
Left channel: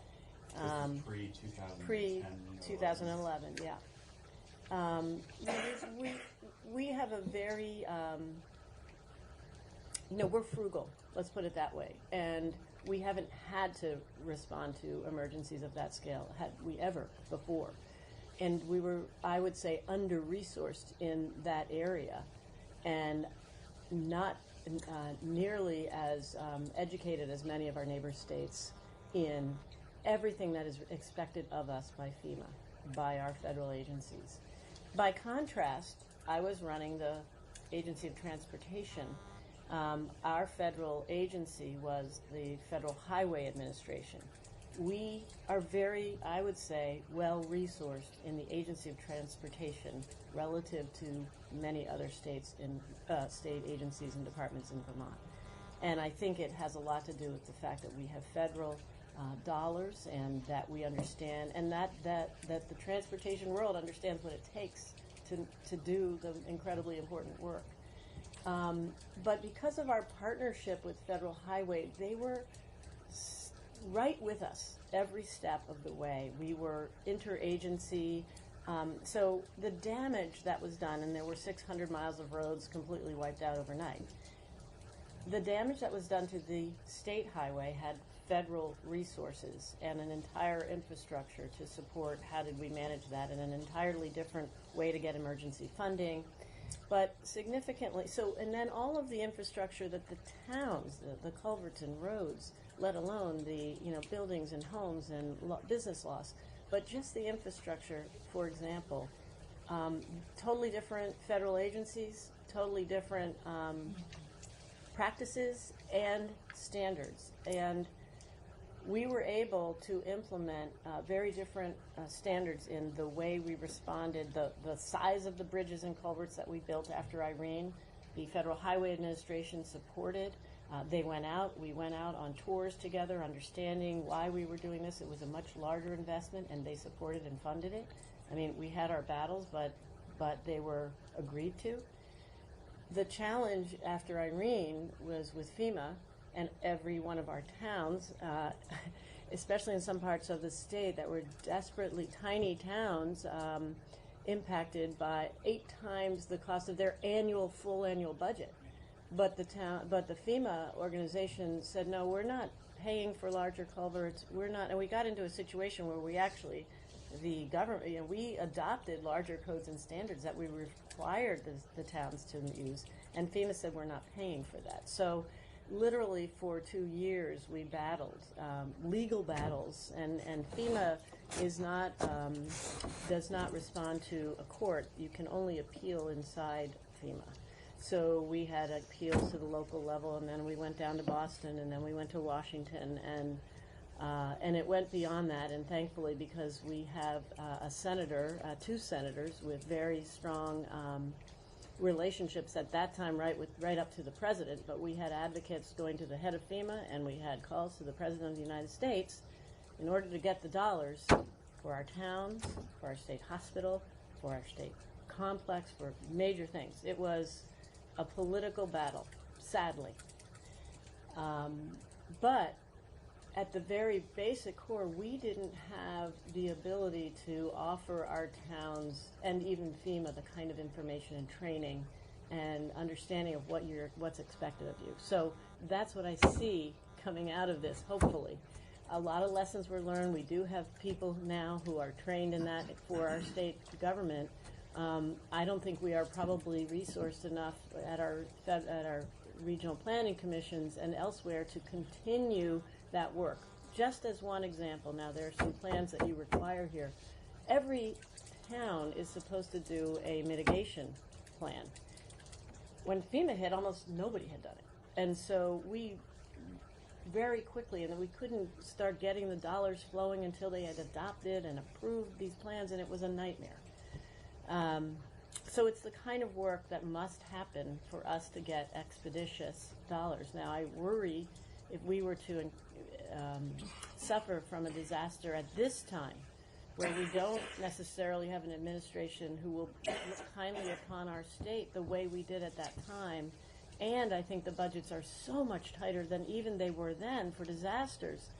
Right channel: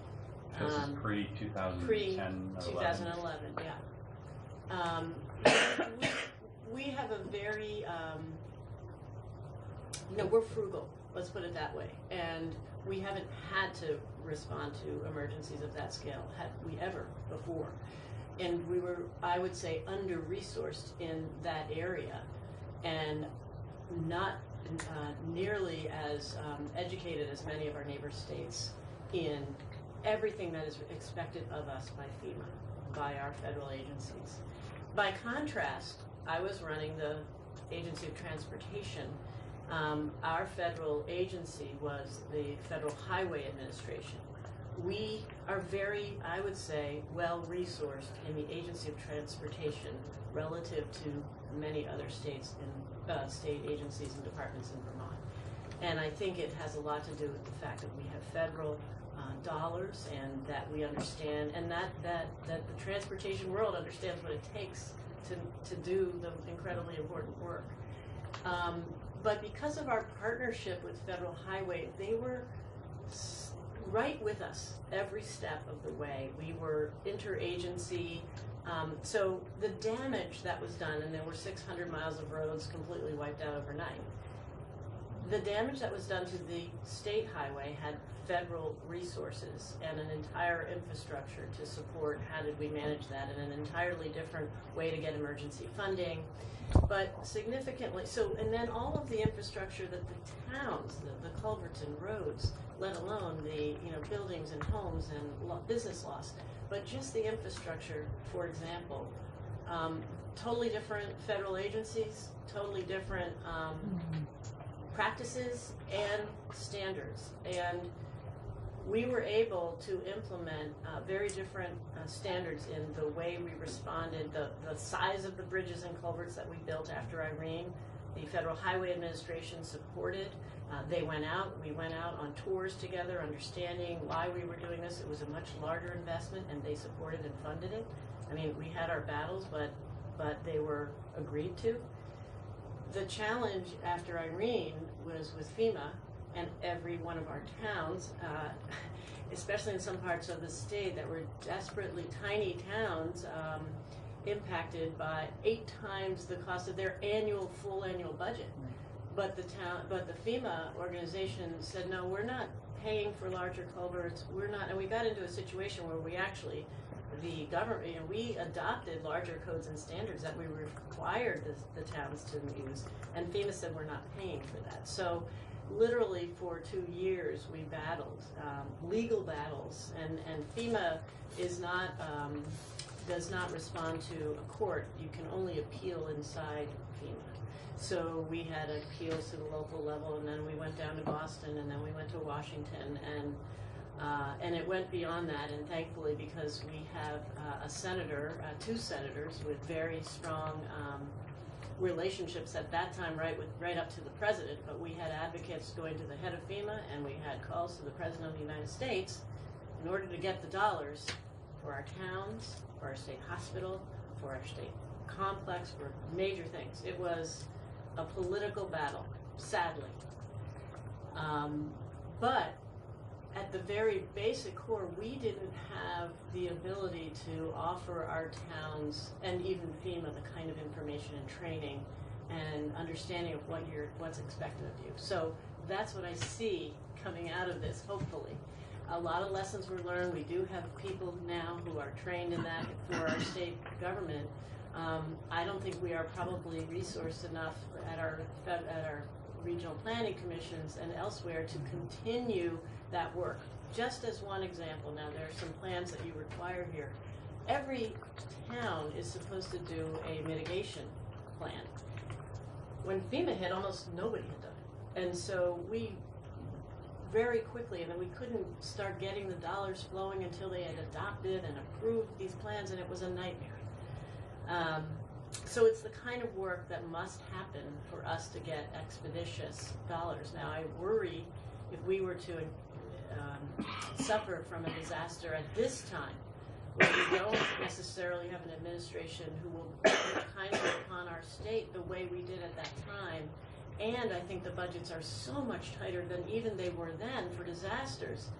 This is pre-2010 Pre-2011, yeah. We have a very, we're frugal, let's put it that way. And we haven't had to respond to emergencies of that scale, had we ever before. And we were, I would say, under-resourced in that area and not nearly as educated as many of our neighbor states in everything that is expected of us by FEMA, by our federal agencies. By contrast, I was running the Agency of Transportation. Our federal agency was the Federal Highway Administration. We are very, I would say, well-resourced in the Agency of Transportation relative to many other states in state agencies and departments in Vermont. And I think it has a lot to do with the fact that we have federal dollars and that we understand, and that the transportation world understands what it takes to do the incredibly important work. But because of our partnership with Federal Highway, they were right with us every step of the way. We were interagency. So the damage that was done, and there were 600 miles of roads completely wiped out overnight, the damage that was done to the state highway had federal resources and an entire infrastructure to support how did we manage that, and an entirely different way to get emergency funding. But significantly, and then all of the infrastructure that the towns, the culverts and roads, let alone the buildings and homes and business loss, but just the infrastructure, for example, totally different federal agencies, totally different practices and standards. And we were able to implement very different standards in the way we responded, the size of the bridges and culverts that we built after Irene. The Federal Highway Administration supported. They went out, we went out on tours together, understanding why we were doing this. It was a much larger investment, and they supported and funded it. I mean, we had our battles, but they were agreed to. The challenge after Irene was with FEMA and every one of our towns, especially in some parts of the state that were desperately tiny towns, impacted by 8 times the cost of their full annual budget. But the FEMA organization said, no, we're not paying for larger culverts. We're not, and we got into a situation where we actually, the government, we adopted larger codes and standards that we required the towns to use, and FEMA said we're not paying for that. So literally for 2 years we battled legal battles, and FEMA does not respond to a court. You can only appeal inside FEMA. So we had appeals to the local level, and then we went down to Boston, and then we went to Washington, and it went beyond that. And thankfully, because we have a senator, 2 senators with very strong relationships at that time, right up to the president. But we had advocates going to the head of FEMA, and we had calls to the president of the United States in order to get the dollars for our towns, for our state hospital, for our state complex, for major things. It was a political battle, sadly. But at the very basic core, we didn't have the ability to offer our towns and even FEMA the kind of information and training and understanding of what's expected of you. So that's what I see coming out of this, hopefully. A lot of lessons were learned. We do have people now who are trained in that for our state government. I don't think we are probably resourced enough at our regional planning commissions and elsewhere to continue that work. Just as one example, now there are some plans that you require here. Every town is supposed to do a mitigation plan. When FEMA hit, almost nobody had done it. And so we very quickly, and then we couldn't start getting the dollars flowing until they had adopted and approved these plans, and it was a nightmare. So it's the kind of work that must happen for us to get expeditious dollars. Now, I worry if we were to suffer from a disaster at this time, where we don't necessarily have an administration who will work kindly upon our state the way we did at that time. And I think the budgets are so much tighter than even they were then for disasters.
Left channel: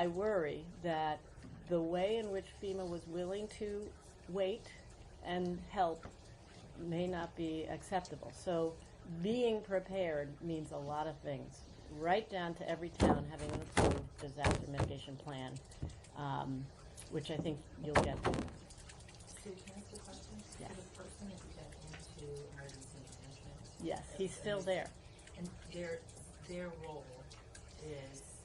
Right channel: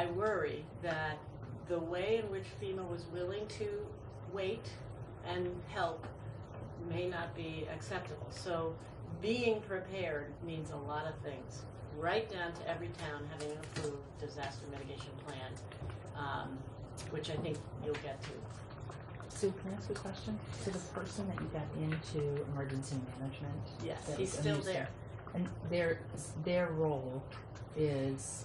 I worry that the way in which FEMA was willing to wait and help may not be acceptable. So being prepared means a lot of things, right down to every town having an approved disaster mitigation plan, which I think you'll get to. Sue, can I ask a question? Yes. So the person that you got into emergency management. Yes, that he's was still understand- there. And their role is.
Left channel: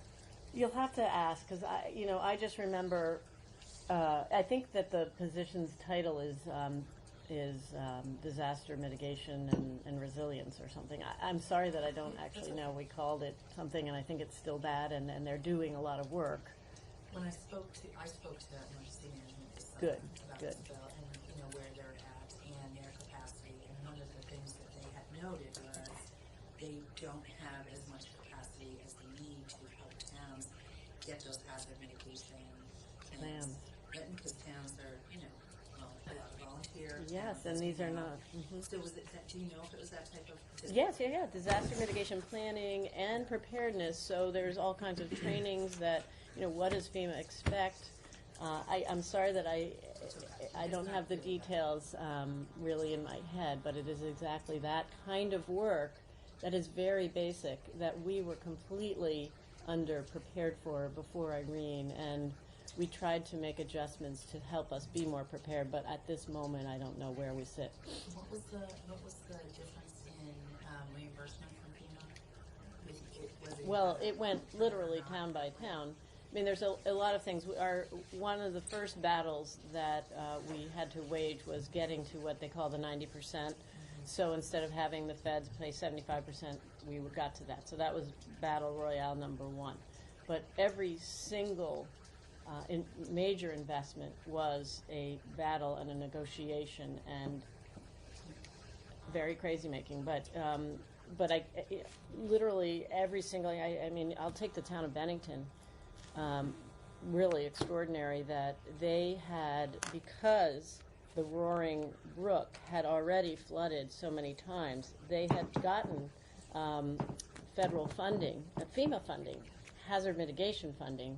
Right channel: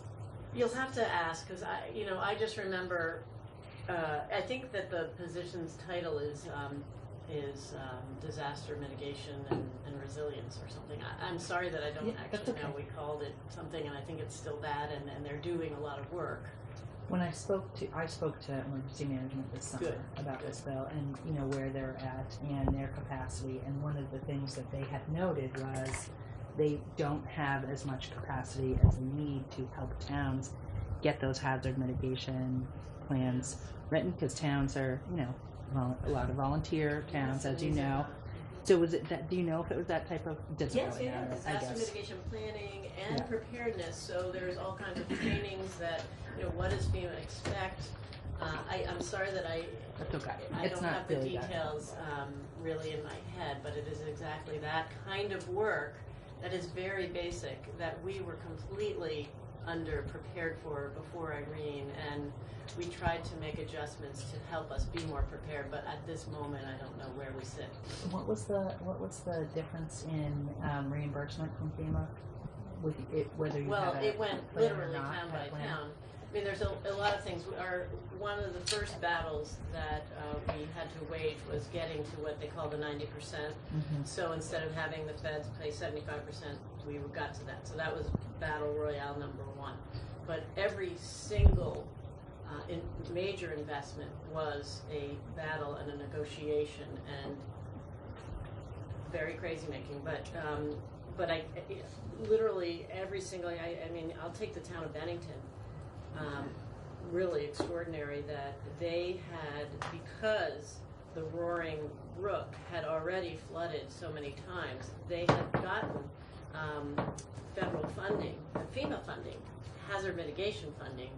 You'll have to ask, because I just remember, I think that the position's title is disaster mitigation and resilience or something. I'm sorry that I don't Yeah, that's actually know. okay. We called it something, and I think it's still that, and they're doing a lot of work. When I spoke to emergency management this summer Good, about good. this bill and where they're at and their capacity, and one of the things that they had noted was they don't have as much capacity as they need to help towns get those hazard mitigation plans written, because towns are a lot of volunteer towns, Yes, and as you these are know. not. Mhm. So was it that? Do you know if it was that type of? Doesn't Yes, really yeah, matter, I disaster guess. mitigation planning and Yeah. preparedness. So there's all kinds of trainings that, what does FEMA expect? I'm sorry that That's okay. I It's don't not have the really that details really in my head, but it is exactly that kind of work that is very basic that we were completely underprepared for before Irene, and we tried to make adjustments to help us be more prepared, but at this moment I don't know where we sit. What was the difference in reimbursement from FEMA with it, whether you Well, had a it went plan or literally not, town had by a plan? town. I mean, there's a lot of things. One of the first battles that we had to wage was getting to what they call the 90%. Mhm. So instead of having the feds pay 75%, we got to that. So that was battle royale number one. But every single major investment was a battle and a negotiation and very crazy making. But I literally every single. I mean, I'll take the town of Bennington. Really extraordinary that they had, because the Roaring Brook had already flooded so many times, they had gotten federal funding, FEMA funding, hazard mitigation funding,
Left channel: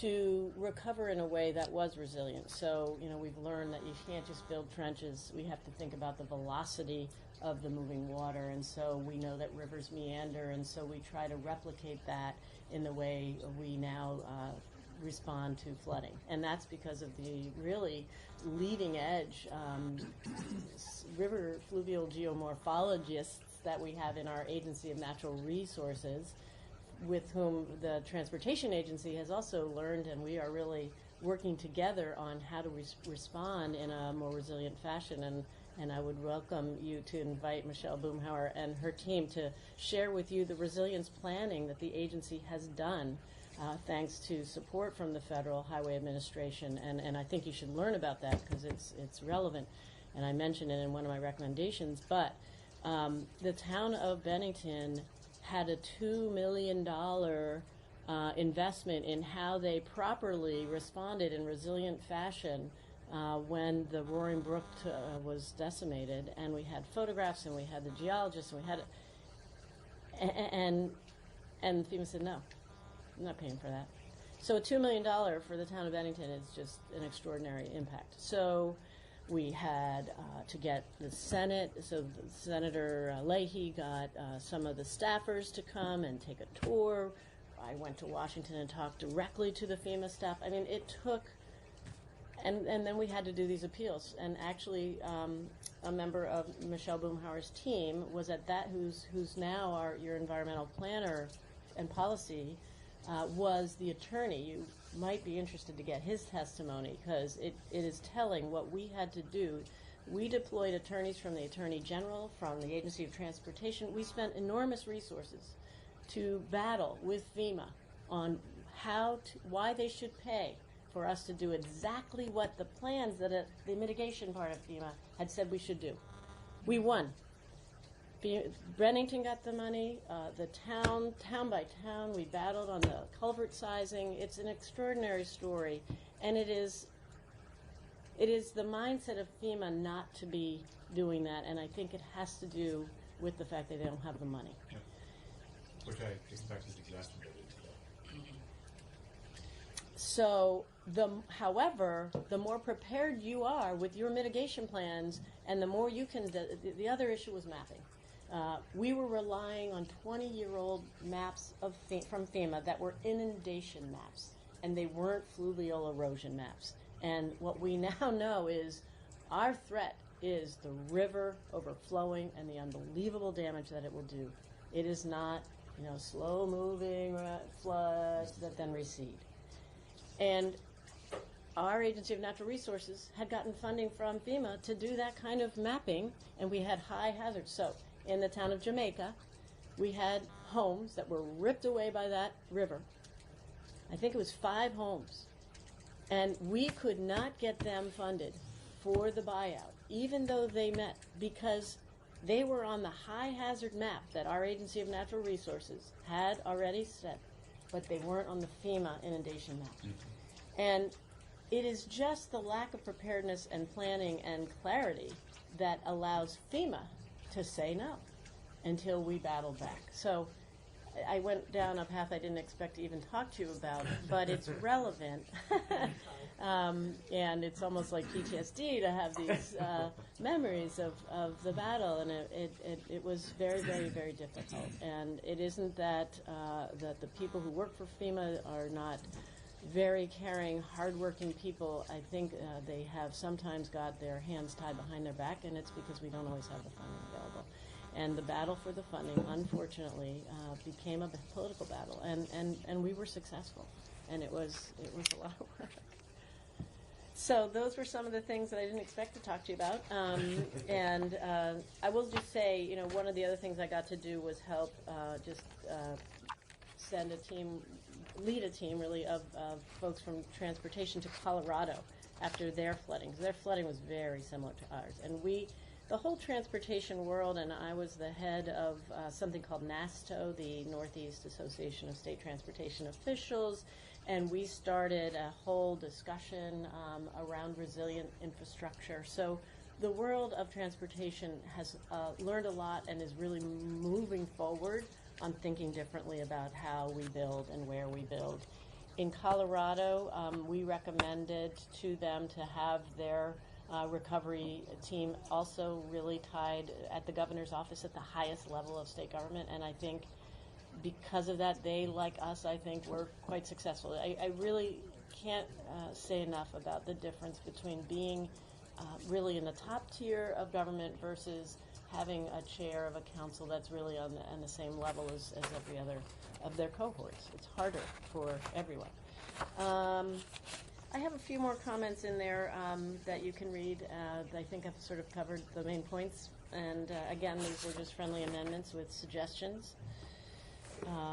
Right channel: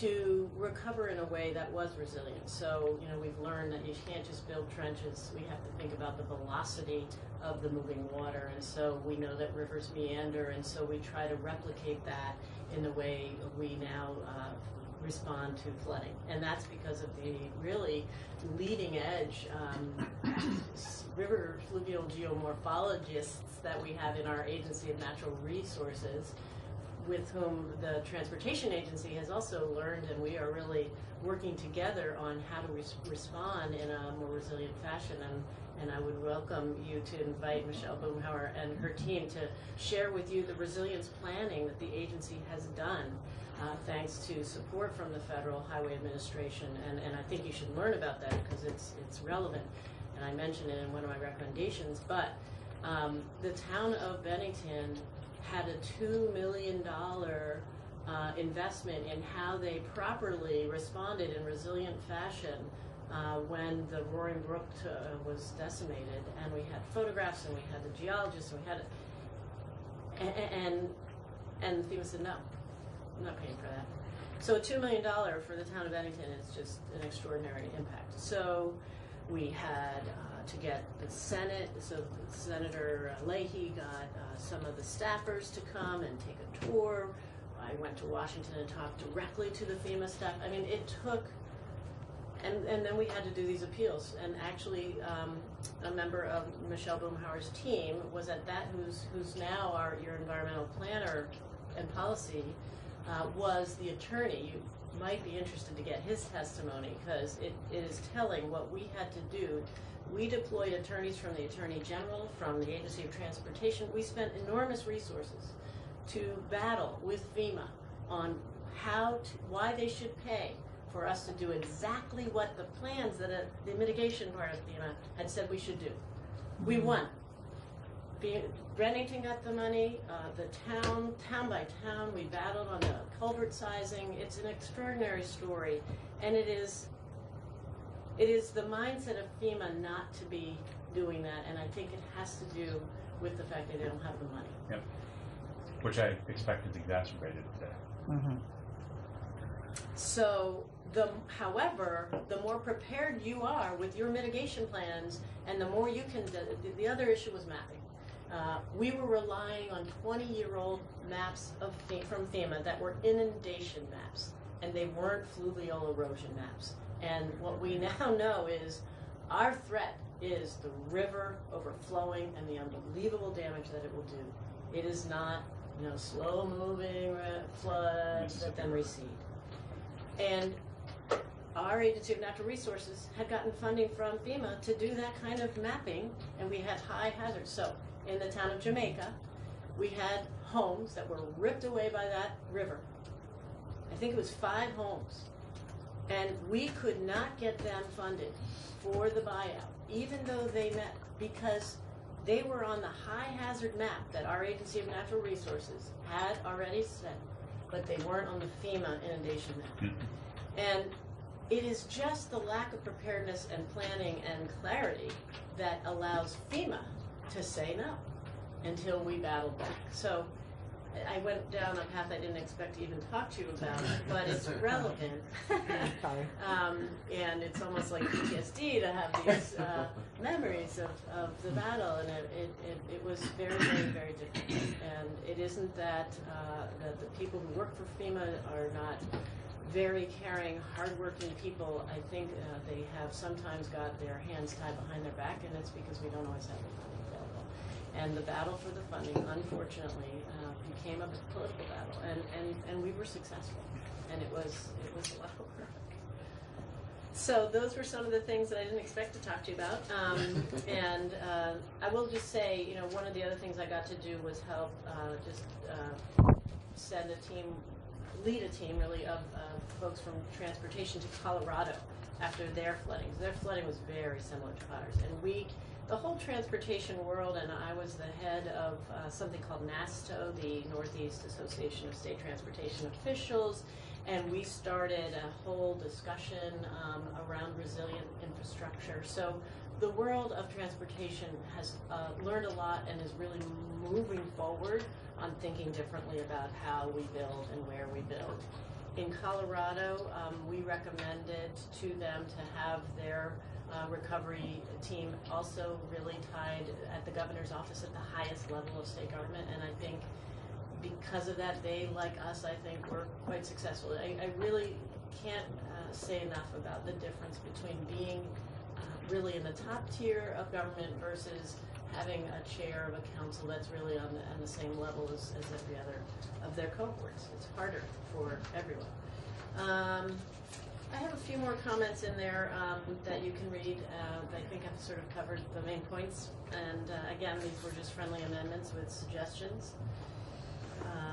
to recover in a way that was resilient. So, we've learned that you can't just build trenches. We have to think about the velocity of the moving water. And so we know that rivers meander, and so we try to replicate that in the way we now respond to flooding. And that's because of the really leading edge river fluvial geomorphologists that we have in our Agency of Natural Resources, with whom the Transportation Agency has also learned, and we are really working together on how to respond in a more resilient fashion. And I would welcome you to invite Michelle Boomhauer and her team to share with you the resilience planning that the agency has done, thanks to support from the Federal Highway Administration. And I think you should learn about that because it's relevant. And I mentioned it in one of my recommendations. But the town of Bennington had a $2 million investment in how they properly responded in resilient fashion when the Roaring Brook was decimated, and we had photographs, and we had the geologists, and we had, and FEMA said no, I'm not paying for that. So $2 million for the town of Bennington is just an extraordinary impact. So we had to get the Senate, so Senator Leahy got some of the staffers to come and take a tour. I went to Washington and talked directly to the FEMA staff. I mean, it took, and then we had to do these appeals. And actually, a member of Michelle Boomhauer's team was at that, who's now your environmental planner and policy, was the attorney. You might be interested to get his testimony because it is telling what we had to do. We deployed attorneys from the Attorney General, from the Agency of Transportation. We spent enormous resources to battle with FEMA on why they should pay for us to do exactly what the plans that the mitigation part of FEMA had said we should do. We won. Bennington got the money, the town by town, we battled on the culvert sizing. It's an extraordinary story, and it is the mindset of FEMA not to be doing that, and I think it has to do with the fact that they don't have the money. Yep. Which I expect is exacerbated today. Mm-hmm. However, the more prepared you are with your mitigation plans, and the more you can. The other issue was mapping. We were relying on 20-year-old maps from FEMA that were inundation maps, and they weren't fluvial erosion maps. And what we now know is our threat is the river overflowing and the unbelievable damage that it will do. It is not, slow-moving floods that then recede. And our Agency of Natural Resources had gotten funding from FEMA to do that kind of mapping, and we had high hazards. So in the town of Jamaica, we had homes that were ripped away by that river. I think it was 5 homes. And we could not get them funded for the buyout, even though they met, because they were on the high hazard map that our Agency of Natural Resources had already set, but they weren't on the FEMA inundation map. And it is just the lack of preparedness and planning and clarity that allows FEMA to say no until we battle back. So I went down a path I didn't expect to even talk to you about, but it's relevant. And it's almost like PTSD to have these memories of the battle, and it was very, very, very difficult. And it isn't that the people who work for FEMA are not very caring, hardworking people. I think they have sometimes got their hands tied behind their back, and it's because we don't always have the funding available. And the battle for the funding, unfortunately, became a political battle, and we were successful, and it was a lot of work. So those were some of the things that I didn't expect to talk to you about. And I will just say, one of the other things I got to do was help send a team, lead a team really of folks from transportation to Colorado after their flooding. So their flooding was very similar to ours, and the whole transportation world, and I was the head of something called NASTO, the Northeast Association of State Transportation Officials, and we started a whole discussion around resilient infrastructure. So the world of transportation has learned a lot and is really moving forward on thinking differently about how we build and where we build. In Colorado, we recommended to them to have their recovery team also really tied at the governor's office at the highest level of state government, and I think because of that, they, like us, I think, were quite successful. I really can't say enough about the difference between being really in the top tier of government versus having a chair of a council that's really on the same level as every other of their cohorts. It's harder for everyone. I have a few more comments in there that you can read that I think I've sort of covered the main points. And again, these were just friendly amendments with suggestions.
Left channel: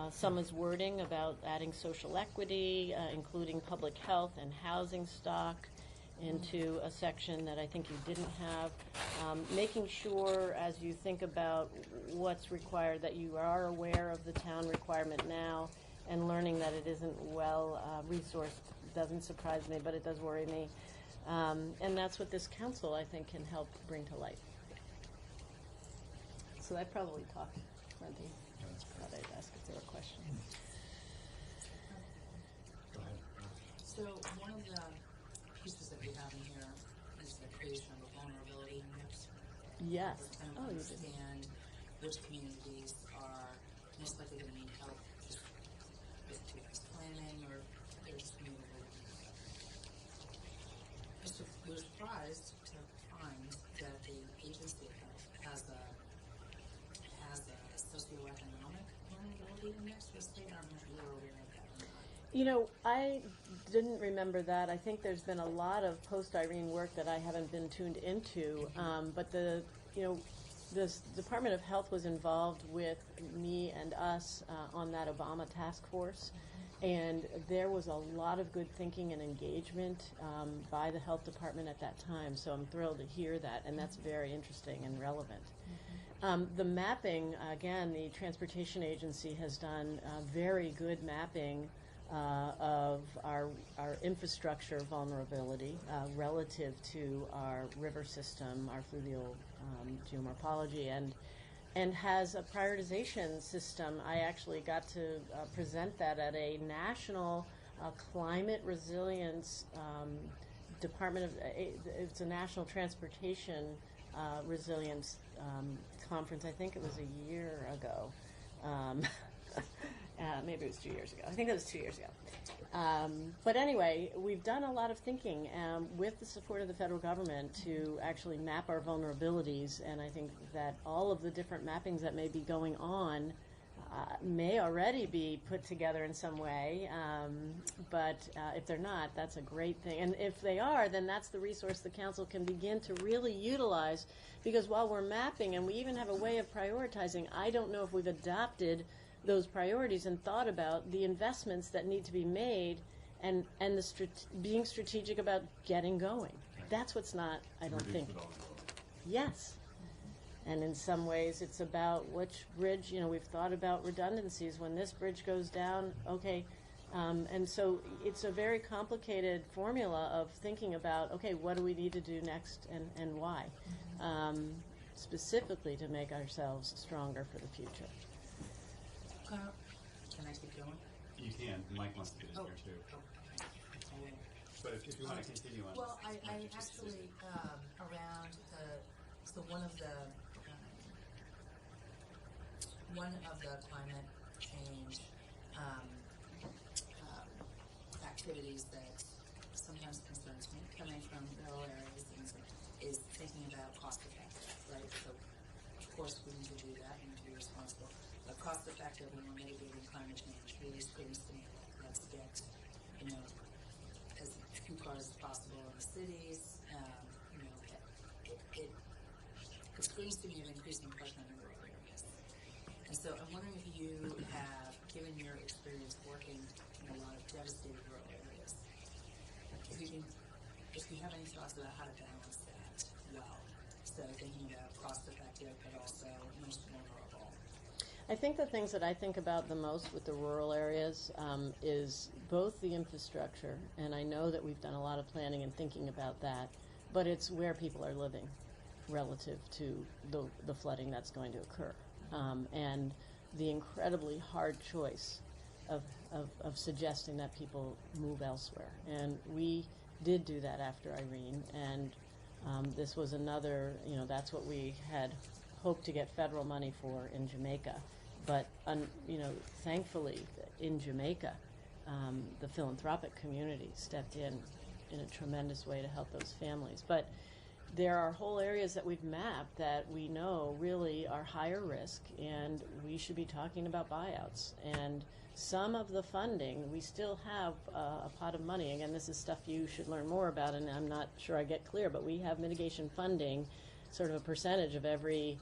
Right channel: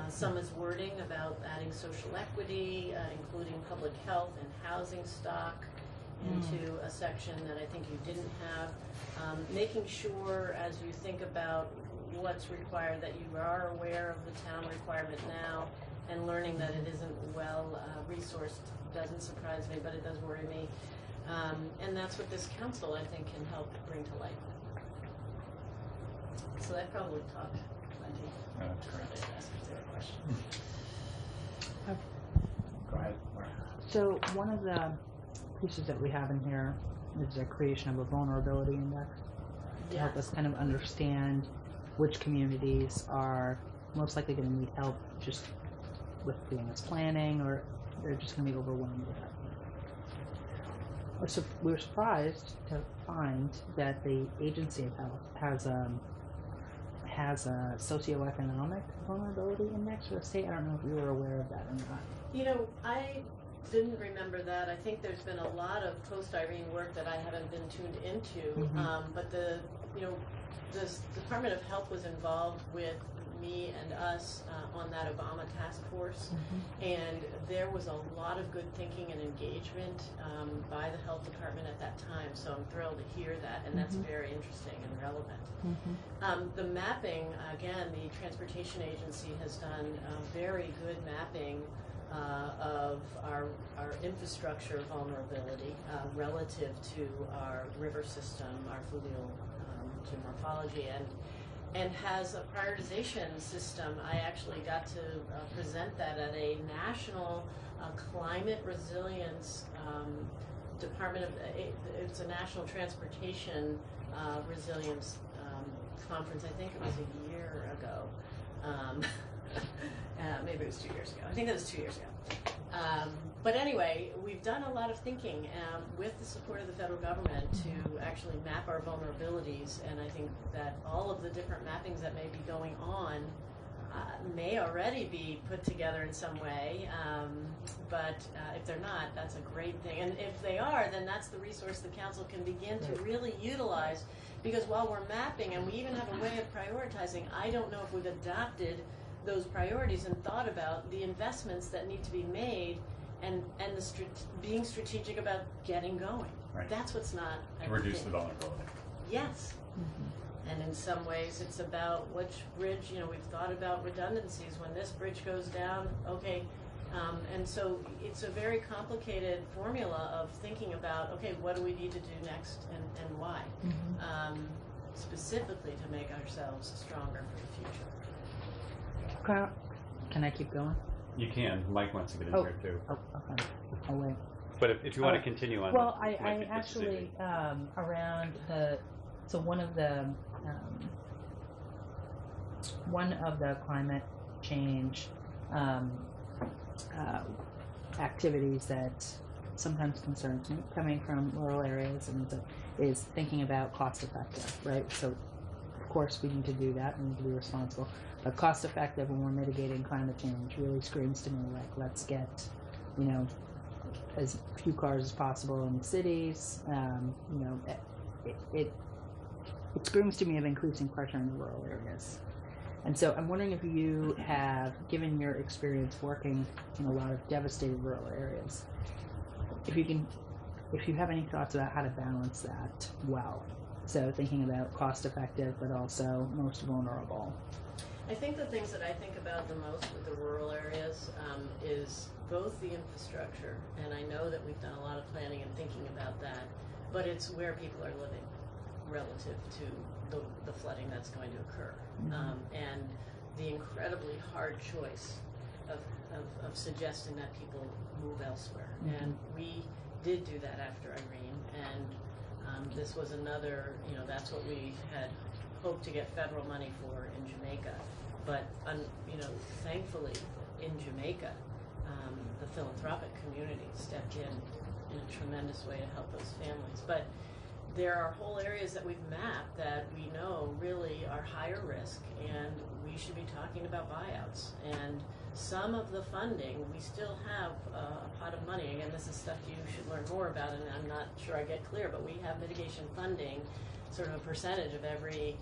Some is wording about adding social equity, including public health and housing stock into a section that I think you didn't have. Making sure as you think about what's required that you are aware of the town requirement now and learning that it isn't well resourced doesn't surprise me, but it does worry me. And that's what this council, I think, can help bring to light. So I probably talked plenty. No, that's correct. Ask if there are questions. Go ahead, Laura. So one of the pieces that we have in here is the creation of a vulnerability index to help us kind of understand which communities are most likely going to need help just with doing this planning, or they're just going to be overwhelmed with that. So we were surprised to find that the Agency of Health has a socioeconomic vulnerability index for the state. I don't know if you were aware of that or not. I didn't remember that. I think there's been a lot of post-Irene work that I haven't been tuned into, but the Department of Health was involved with me and us on that Obama task force, and there was a lot of good thinking and engagement by the health department at that time, so I'm thrilled to hear that, and that's very interesting and relevant. The mapping, again, the Transportation Agency has done very good mapping of our infrastructure vulnerability relative to our river system, our fluvial geomorphology, and has a prioritization system. I actually got to present that at a national a climate resilience Department of, it's a National Transportation Resilience Conference. I think it was a year ago. Maybe it was 2 years ago. I think it was 2 years ago. But anyway, we've done a lot of thinking with the support of the federal government to actually map our vulnerabilities, and I think that all of the different mappings that may be going on may already be put together in some way, but if they're not, that's a great thing. And if they are, then that's the resource the council can begin to really utilize, because while we're mapping, and we even have a way of prioritizing, I don't know if we've adopted those priorities and thought about the investments that need to be made, and being strategic about getting going. Right. That's what's not, I To don't reduce think. the vulnerability. Yes. And in some ways, it's about which bridge, we've thought about redundancies. When this bridge goes down, okay. And so it's a very complicated formula of thinking about, okay, what do we need to do next and why? Specifically to make ourselves stronger for the future. Can I keep going? You can. Mike wants to get in here too. Oh, okay. I'll wait. But if you want to continue on well, this, I actually, around so one of the climate change activities that sometimes concerns me, coming from rural areas, is thinking about cost effective, right? So, of course, we need to do that. We need to be responsible. But cost effective when we're mitigating climate change really screams to me like, let's get, as few cars as possible in the cities. It screams to me of increasing pressure in the rural areas. And so I'm wondering if you have, given your experience working in a lot of devastated rural areas, if you have any thoughts about how to balance that well. So thinking about cost effective, but also most vulnerable. I think the things that I think about the most with the rural areas is both the infrastructure, and I know that we've done a lot of planning and thinking about that, but it's where people are living relative to the flooding that's going to occur. And the incredibly hard choice of suggesting that people move elsewhere. And we did do that after Irene, and this was another, that's what we had hoped to get federal money for in Jamaica. But, thankfully, in Jamaica, the philanthropic community stepped in a tremendous way to help those families. But there are whole areas that we've mapped that we know really are higher risk, and we should be talking about buyouts. And some of the funding, we still have a pot of money. Again, this is stuff you should learn more about, and I'm not sure I get clear, but we have mitigation funding, sort of a percentage of every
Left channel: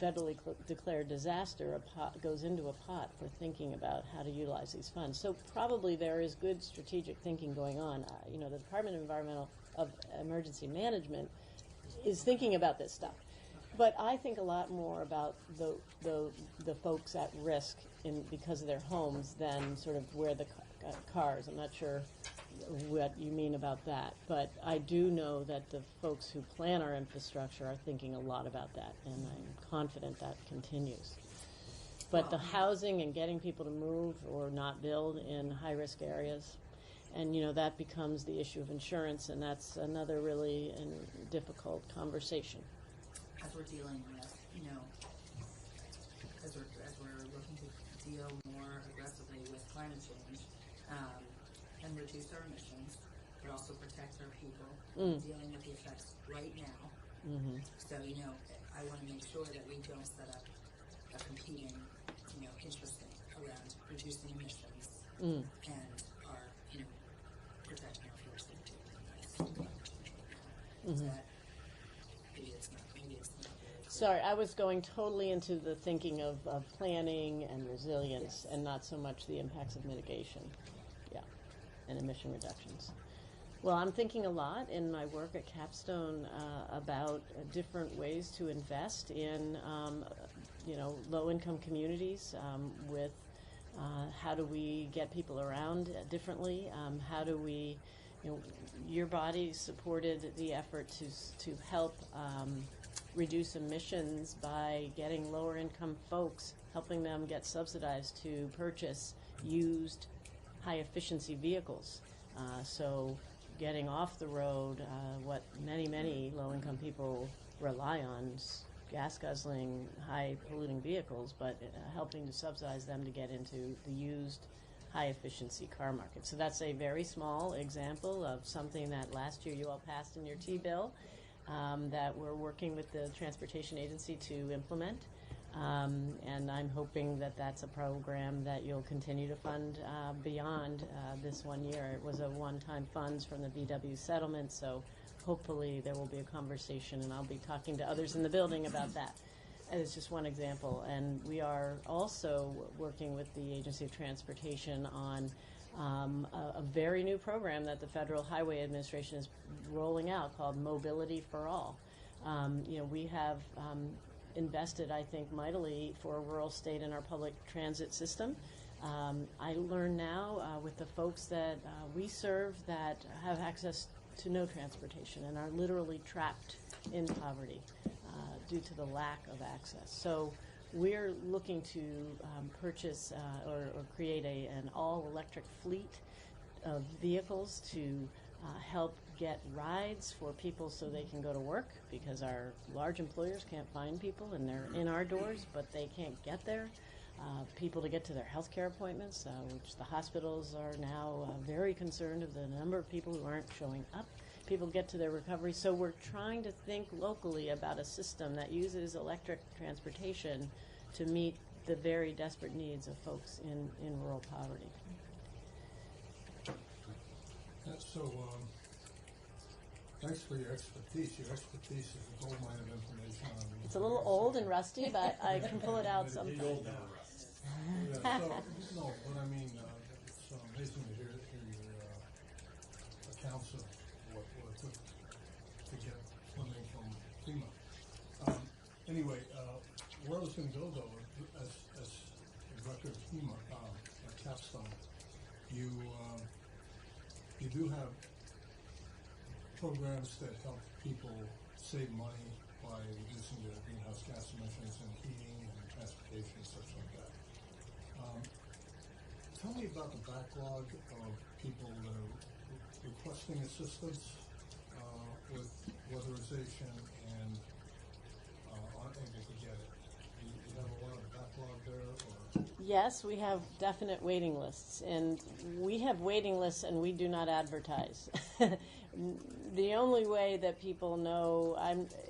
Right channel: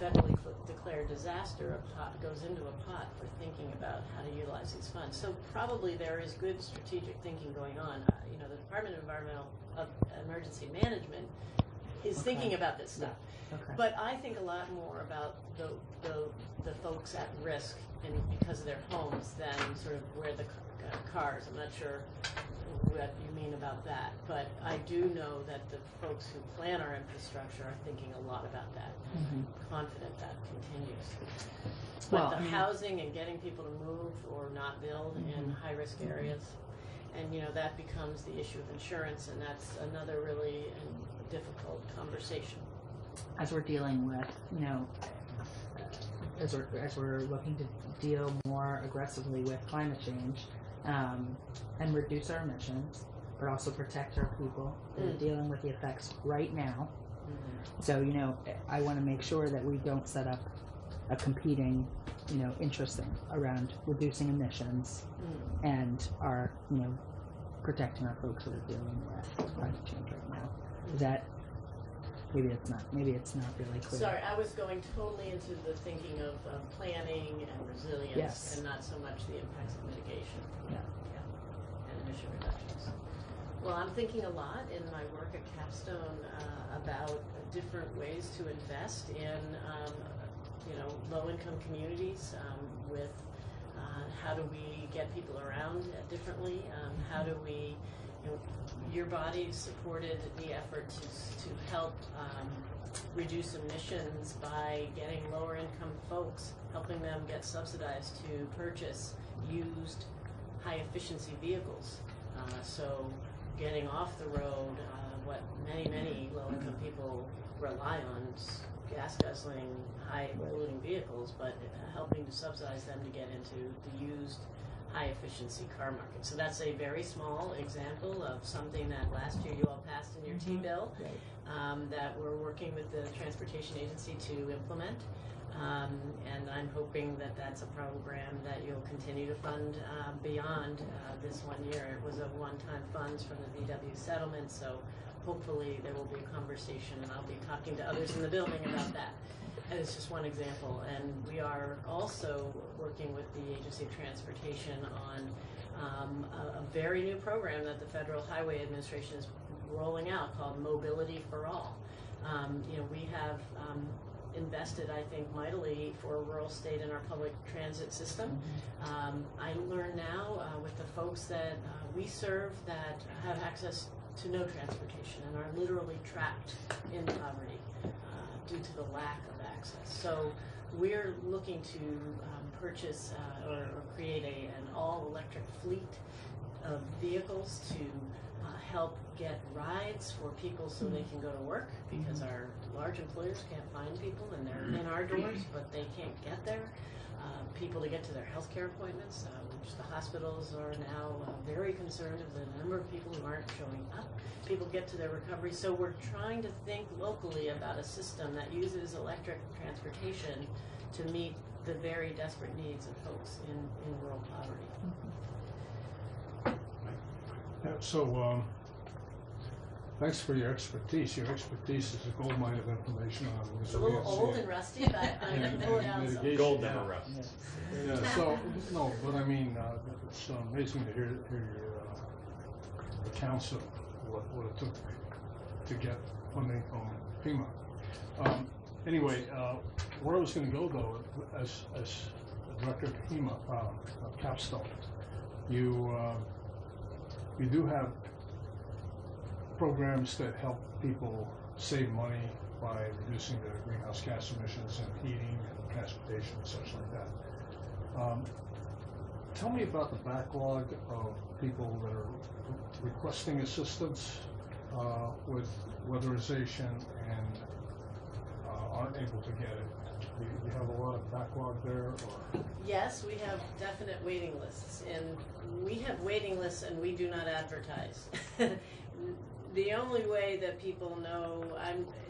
federally declared disaster. A pot goes into a pot for thinking about how to utilize these funds. So probably there is good strategic thinking going on. The Department of Emergency Management is thinking about this stuff. Okay. But I think a lot more about the folks at risk because of their homes than sort of where the cars. I'm not sure what you mean about that, but I do know that the folks who plan our infrastructure are thinking a lot about that, and I'm confident that continues. But the housing and getting people to move or not build in high-risk areas, and that becomes the issue of insurance, and that's another really difficult conversation. As we're dealing with, as we're looking to deal more aggressively with climate change, and reduce our emissions, but also protect our people that are dealing with the effects right now. So, I want to make sure that we don't set up a competing, interest thing around reducing emissions and our, protecting our folks that are dealing with climate change right now. Is that, maybe it's not really clear. Sorry, I was going totally into the thinking of planning and resilience, and not so much the impacts of mitigation. And emission reductions. Well, I'm thinking a lot in my work at Capstone about different ways to invest in, low-income communities with how do we get people around differently? How do we, your body supported the effort to help reduce emissions by getting lower-income folks, helping them get subsidized to purchase used high-efficiency vehicles. So getting off the road, what many low-income people rely on is gas-guzzling, high-polluting vehicles, but helping to subsidize them to get into the used high-efficiency car market. So that's a very small example of something that last year you all passed in your T-bill, that we're working with the Transportation Agency to implement. And I'm hoping that that's a program that you'll continue to fund beyond this 1 year. It was a one-time funds from the VW settlement, so hopefully there will be a conversation, and I'll be talking to others in the building about that. And it's just one example. And we are also working with the Agency of Transportation on a very new program that the Federal Highway Administration is rolling out called Mobility for All. We have invested, I think, mightily for a rural state in our public transit system. I learn now with the folks that we serve that have access to no transportation and are literally trapped in poverty due to the lack of access. So we're looking to purchase or create an all-electric fleet of vehicles to help get rides for people so they can go to work, because our large employers can't find people and they're in our doors, but they can't get there. People to get to their healthcare appointments, which the hospitals are now very concerned of the number of people who aren't showing up. People get to their recovery. So we're trying to think locally about a system that uses electric transportation to meet the very desperate needs of folks in rural poverty. Yeah, so thanks for your expertise. Your expertise is a gold mine of information on It's a little old and rusty, but I can pull it out. Gold never rusts. Yeah, so, no, but I mean, it's amazing to hear your accounts of what it took to get funding from FEMA. Anyway, where I was going to go, though, as director of FEMA, of Capstone, you do have programs that help people save money by reducing their greenhouse gas emissions and heating and transportation and such like that. Tell me about the backlog of people that are requesting assistance with weatherization and aren't able to get it. Do you have a lot of backlog there, or? Yes, we have definite waiting lists, and we have waiting lists and we do not advertise. The only way that people know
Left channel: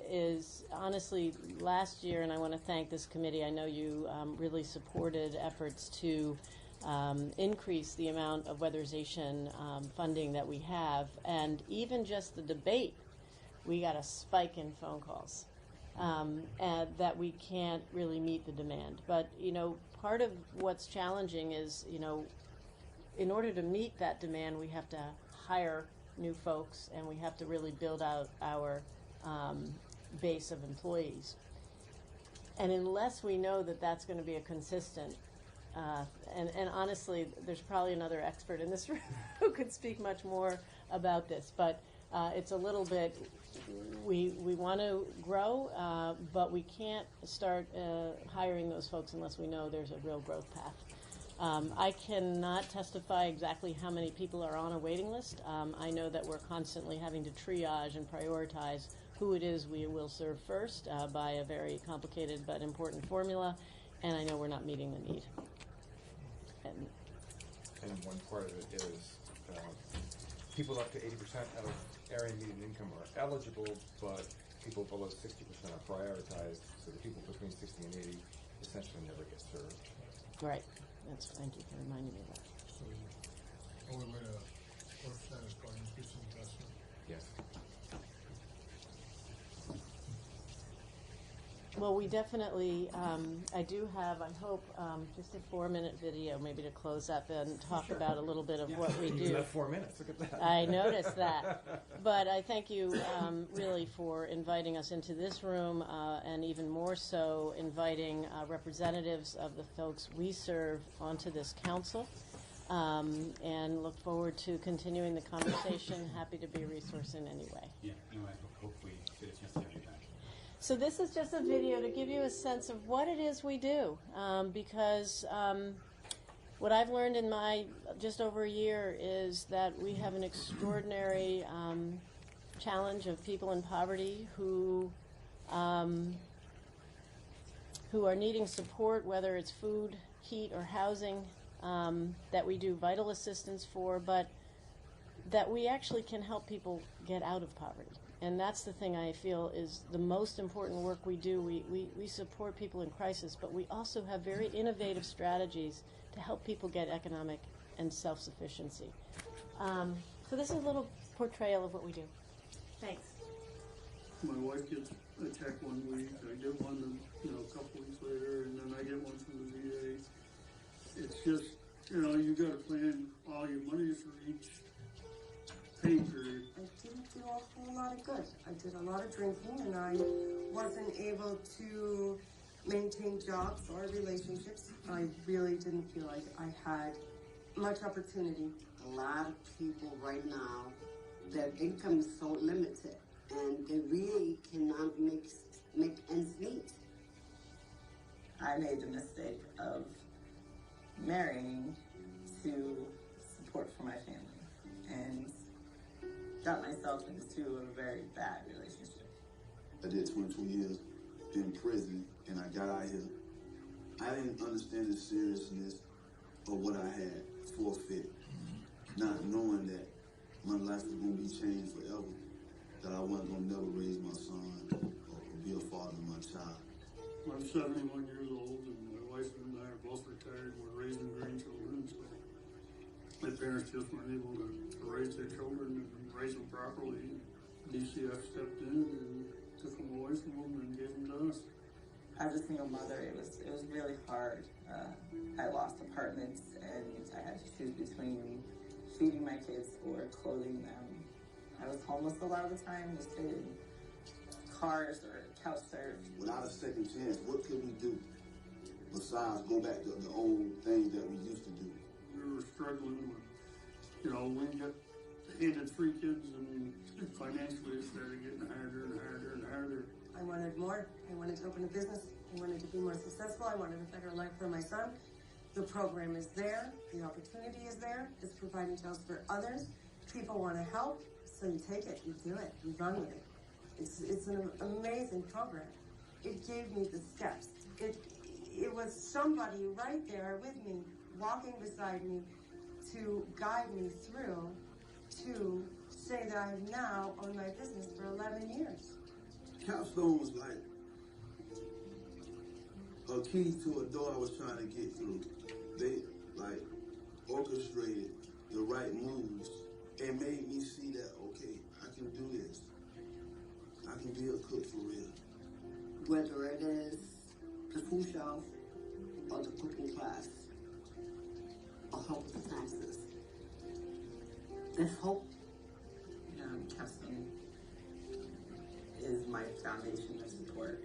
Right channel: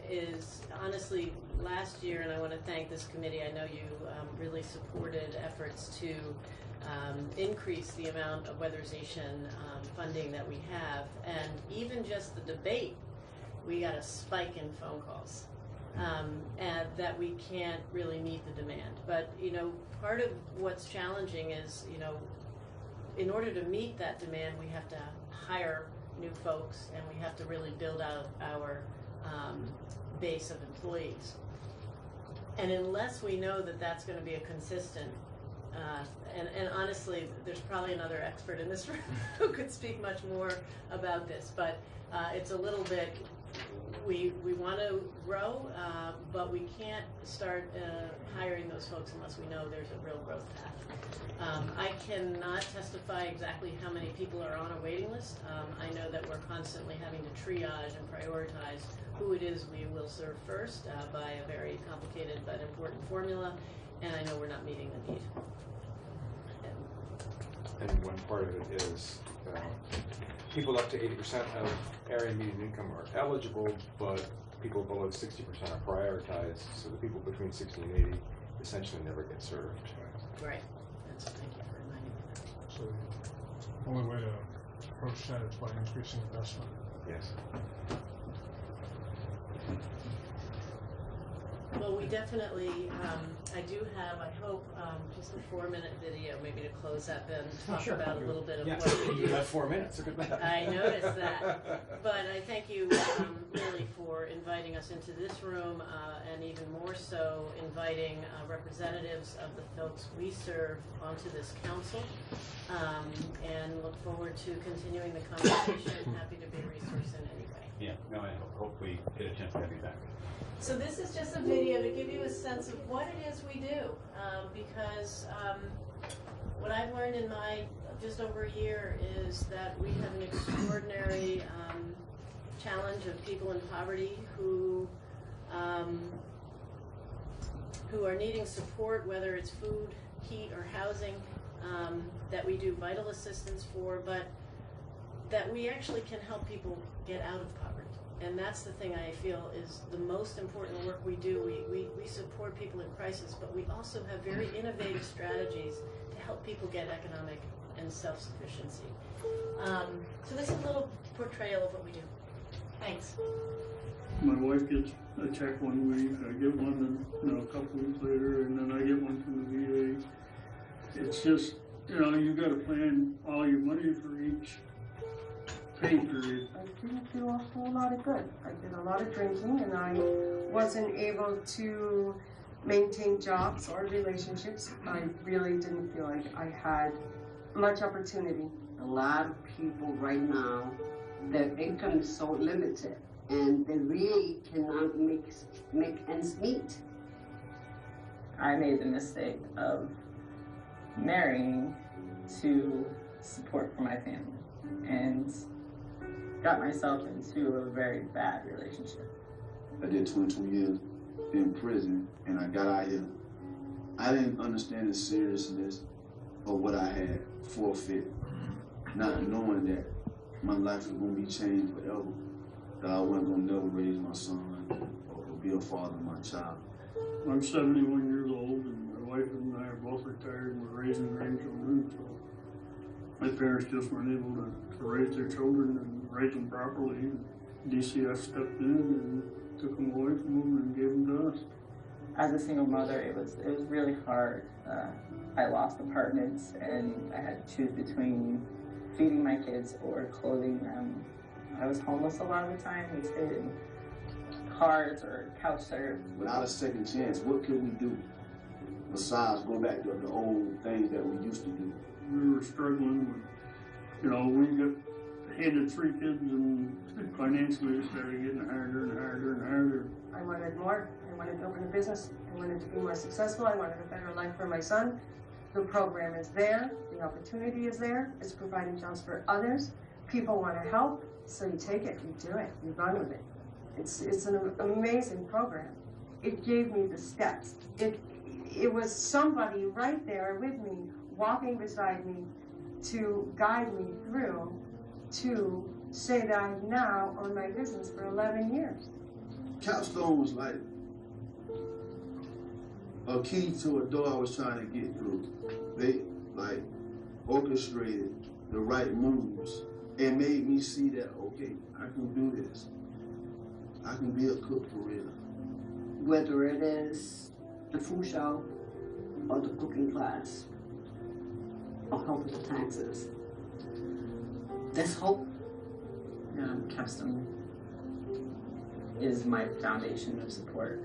is honestly last year, and I want to thank this committee. I know you really supported efforts to increase the amount of weatherization funding that we have, and even just the debate, we got a spike in phone calls. And that we can't really meet the demand. But, part of what's challenging is, in order to meet that demand, we have to hire new folks and we have to really build out our base of employees. And unless we know that that's going to be a consistent, and honestly, there's probably another expert in this room who could speak much more about this, but it's a little bit, we want to grow, but we can't start hiring those folks unless we know there's a real growth path. I cannot testify exactly how many people are on a waiting list. I know that we're constantly having to triage and prioritize who it is we will serve first by a very complicated but important formula, and I know we're not meeting the need. And one part of it is people up to 80% of area median income are eligible, but people below 60% are prioritized, so the people between 60 and 80 essentially never get served. Right. Thank you for reminding me of that. So the only way to approach that is by increasing investment. Yes. Well, we definitely, I do have, I hope, just a 4-minute video maybe to close up and talk about a little bit of what we do. You got 4 minutes, look at that. I noticed that. But I thank you really for inviting us into this room and even more so inviting representatives of the folks we serve onto this council, and look forward to continuing the conversation. Happy to be a resource in any way. Yeah, no, I hope we get a chance to have you back. So this is just a video to give you a sense of what it is we do, because What I've learned in my just over a year is that we have an extraordinary challenge of people in poverty who are needing support, whether it's food, heat, or housing, that we do vital assistance for, but that we actually can help people get out of poverty. And that's the thing I feel is the most important work we do. We support people in crisis, but we also have very innovative strategies to help people get economic and self-sufficiency. So this is a little portrayal of what we do. Thanks. My wife gets a check one week, I get one a couple weeks later, and then I get one from the VA. It's just, you got to plan all your money for each pay period. I didn't do a whole lot of good. I did a lot of drinking, and I wasn't able to maintain jobs or relationships. I really didn't feel like I had much opportunity. A lot of people right now, their income is so limited, and they really cannot make ends meet. I made the mistake of marrying to support for my family and got myself into a very bad relationship. I did 22 years in prison and I got out here. I didn't understand the seriousness of what I had forfeit, not knowing that my life was going to be changed forever, that I wasn't going to never raise my son or be a father to my child. I'm 71 years old, and my wife and I are both retired, and we're raising grandchildren, so my parents just weren't able to raise their children and raise them properly. And DCF stepped in and took them away from them and gave them to us. As a single mother, it was really hard. I lost apartments, and I had to choose between feeding my kids or clothing them. I was homeless a lot of the time. We stayed in cars or couch surf. Without a second chance, what could we do besides go back to the old things that we used to do? We were struggling with, we got handed 3 kids, and financially it started getting harder and harder and harder. I wanted more. I wanted to open a business. I wanted to be more successful. I wanted a better life for my son. The program is there. The opportunity is there. It's providing jobs for others. People want to help, so you take it, you do it, you run with it. It's an amazing program. It gave me the steps. It was somebody right there with me, walking beside me, to guide me through to say that I've now owned my business for 11 years. Capstone was like a key to a door I was trying to get through. They orchestrated the right moves and made me see that, okay, I can do this. I can be a cook for real. Whether it is the food shelf or the cooking class or help with the taxes, there's hope. Capstone is my foundation of support.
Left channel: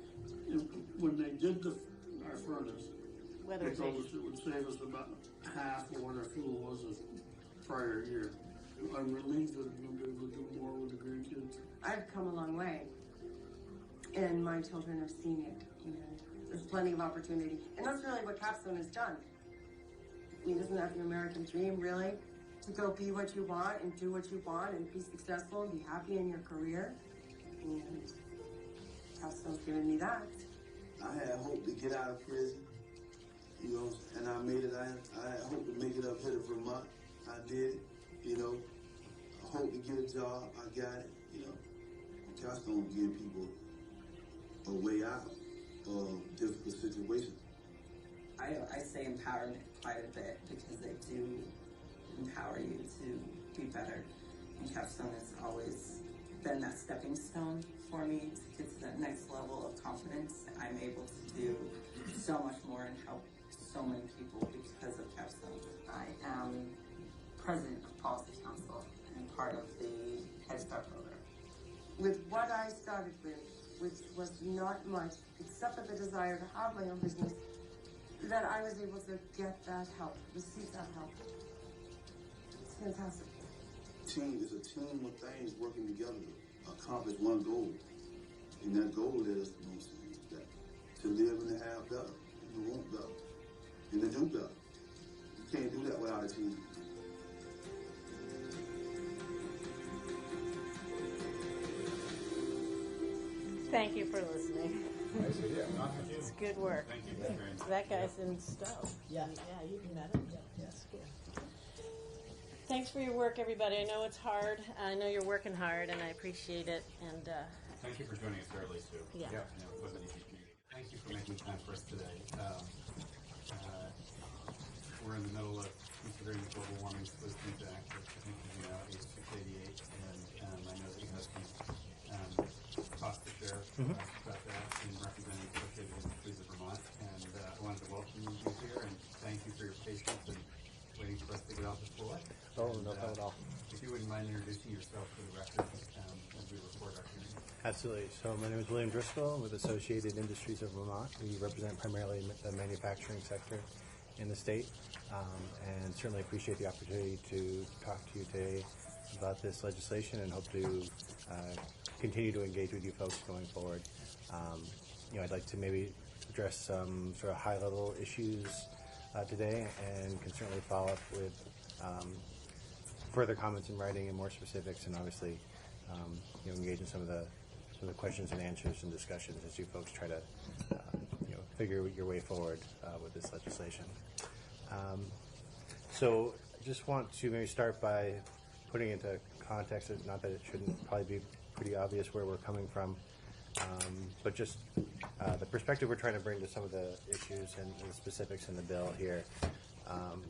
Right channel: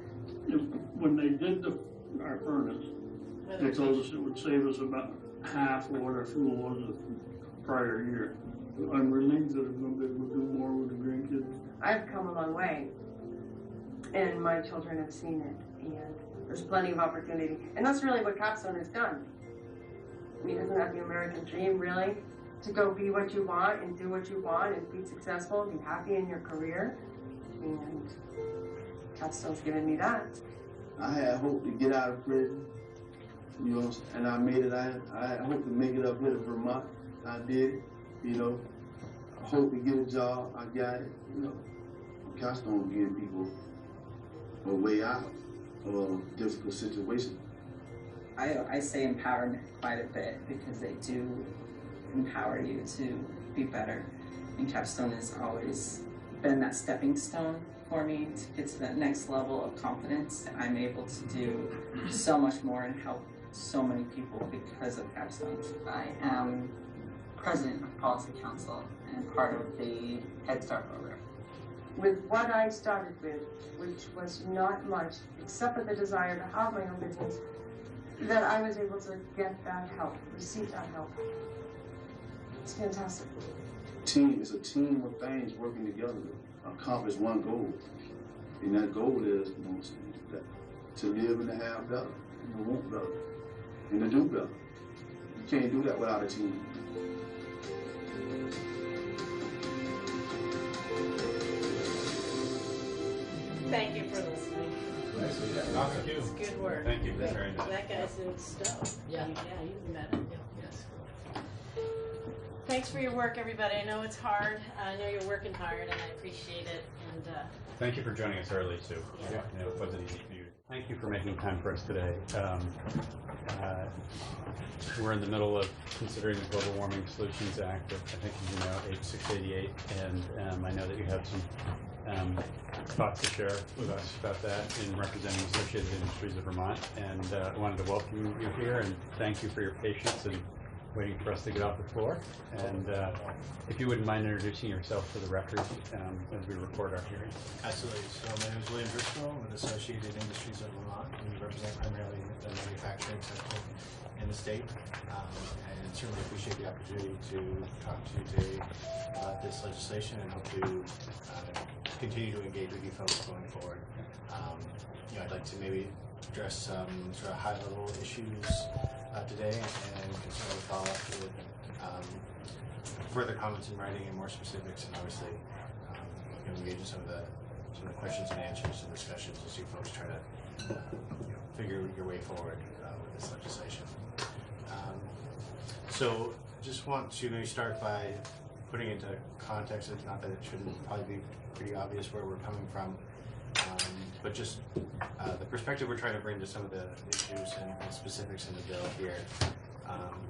When they did our furnace, they told us it would save us about half of what our fuel was the prior year. I'm relieved that I'm going to be able to do more with the grandkids. I've come a long way, and my children have seen it, and there's plenty of opportunity. And that's really what Capstone has done. I mean, isn't that the American dream, really? To go be what you want and do what you want and be successful and be happy in your career. And Capstone's given me that. I had hope to get out of prison, and I made it. I had hope to make it up here to Vermont. I did it, I hope to get a job. I got it, Capstone giving people a way out of difficult situations. I say empowerment quite a bit because they do empower you to be better. And Capstone has always been that stepping stone for me to get to that next level of confidence. I'm able to do so much more and help so many people because of Capstone. I am president of Policy Council and part of the Head Start program. With what I started with, which was not much, except for the desire to have my own business, that I was able to get that help, receive that help. It's fantastic. Team is a team of things working together to accomplish one goal. And that goal is, that to live and to have better, and to want better, and to do better. can't do that without a team. Thank you for listening. Nicely done. Thank you. It's good work. Thank you. Very nice. That guy's in Stowe. Yeah. Yeah, you've met him. Yes. Thanks for your work, everybody. I know it's hard. I know you're working hard, and I appreciate it. And Thank you for joining us early, Sue. Yeah. You know, it wasn't easy for you. Thank you for making time for us today. We're in the middle of considering the Global Warming Solutions Act, I think you know, H688, and I know that you have some thoughts to share with us about that in representing Associated Industries of Vermont. And I wanted to welcome you here and thank you for your patience and waiting for us to get off the floor. And if you wouldn't mind introducing yourself for the record as we record our hearing. Absolutely. So my name is William Driscoll with Associated Industries of Vermont. We represent primarily the manufacturing sector in the state, and certainly appreciate the opportunity to talk to you today about this legislation and hope to continue to engage with you folks going forward. You know, I'd like to maybe address some sort of high-level issues today, and can certainly follow up with further comments in writing and more specifics, and obviously you know, engage in some of the questions and answers and discussions as you folks try to you know, figure your way forward with this legislation. So just want to maybe start by putting into context, it's not that it shouldn't probably be pretty obvious where we're coming from, but just the perspective we're trying to bring to some of the issues and the specifics in the bill here.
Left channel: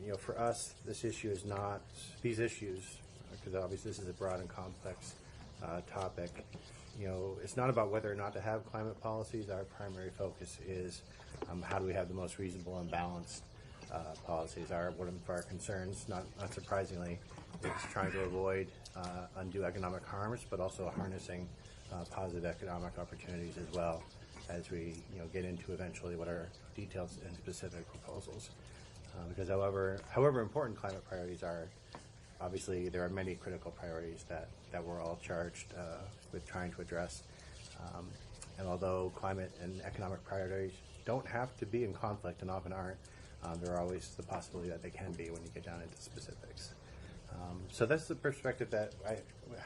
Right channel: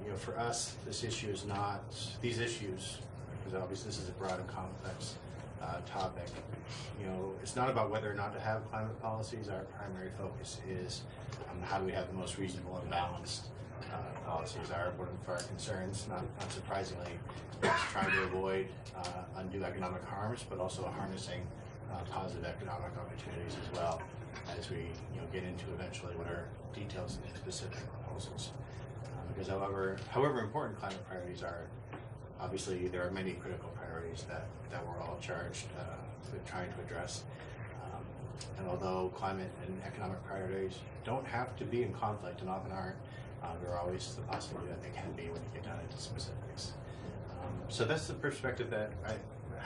You know, for us, this issue is not, these issues, because obviously this is a broad and complex topic, you know, it's not about whether or not to have climate policies. Our primary focus is how do we have the most reasonable and balanced policies. One of our concerns, not surprisingly, is trying to avoid undue economic harms, but also harnessing positive economic opportunities as well as we get into eventually what are details and specific proposals. Because however important climate priorities are, obviously there are many critical priorities that we're all charged with trying to address. And although climate and economic priorities don't have to be in conflict and often aren't, there are always the possibility that they can be when you get down into specifics. So that's the perspective that I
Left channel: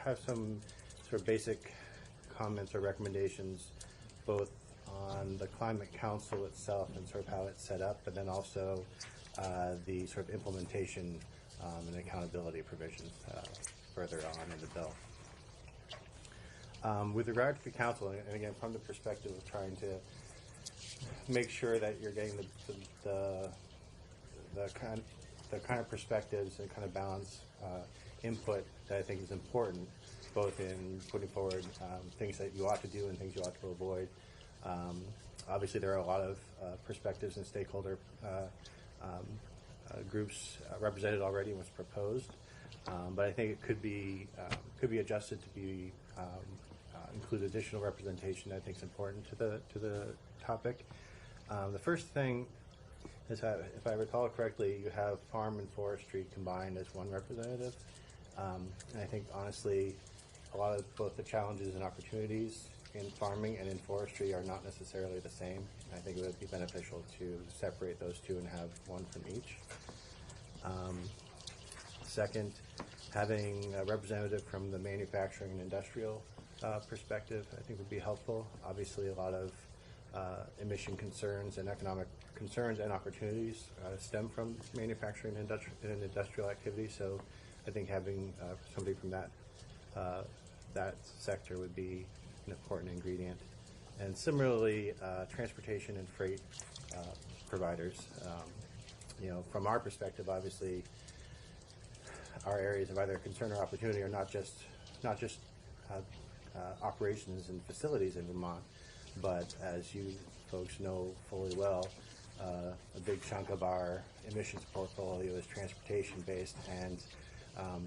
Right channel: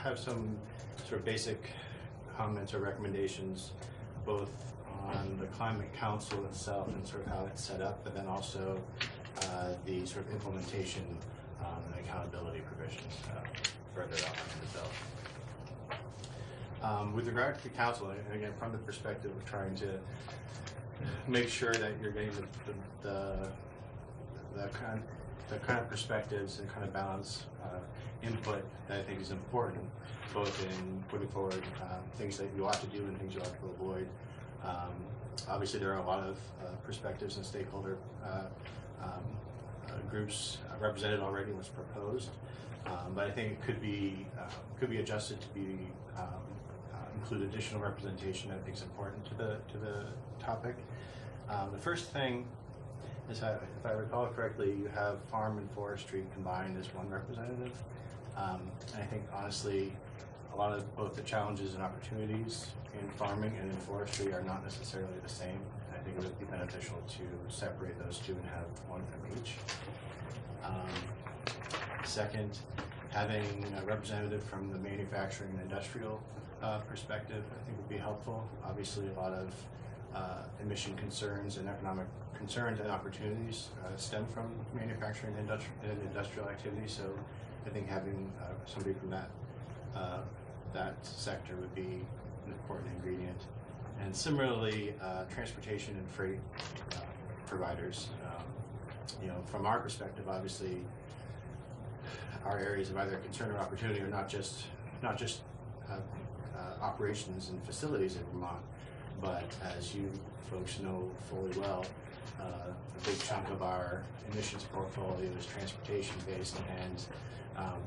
have some sort of basic comments or recommendations both on the Climate Council itself and sort of how it's set up, but then also the sort of implementation and accountability provisions further on in the bill. With regard to the council, and again from the perspective of trying to make sure that you're getting the kind of perspectives and kind of balance input that I think is important, both in putting forward things that you ought to do and things you ought to avoid. Obviously there are a lot of perspectives and stakeholder groups represented already in what's proposed, but I think it could be adjusted to be include additional representation that I think is important to the topic. The first thing is, if I recall correctly, you have farm and forestry combined as one representative, and I think honestly a lot of both the challenges and opportunities in farming and in forestry are not necessarily the same. And I think it would be beneficial to separate those two and have one from each. Second, having a representative from the manufacturing and industrial perspective I think would be helpful. Obviously a lot of emission concerns and economic concerns and opportunities stem from manufacturing and industrial activity, so I think having somebody from that sector would be an important ingredient. And similarly, transportation and freight providers. From our perspective, obviously, our areas of either concern or opportunity are not just operations and facilities in Vermont, but as you folks know fully well, a big chunk of our emissions portfolio is transportation based, and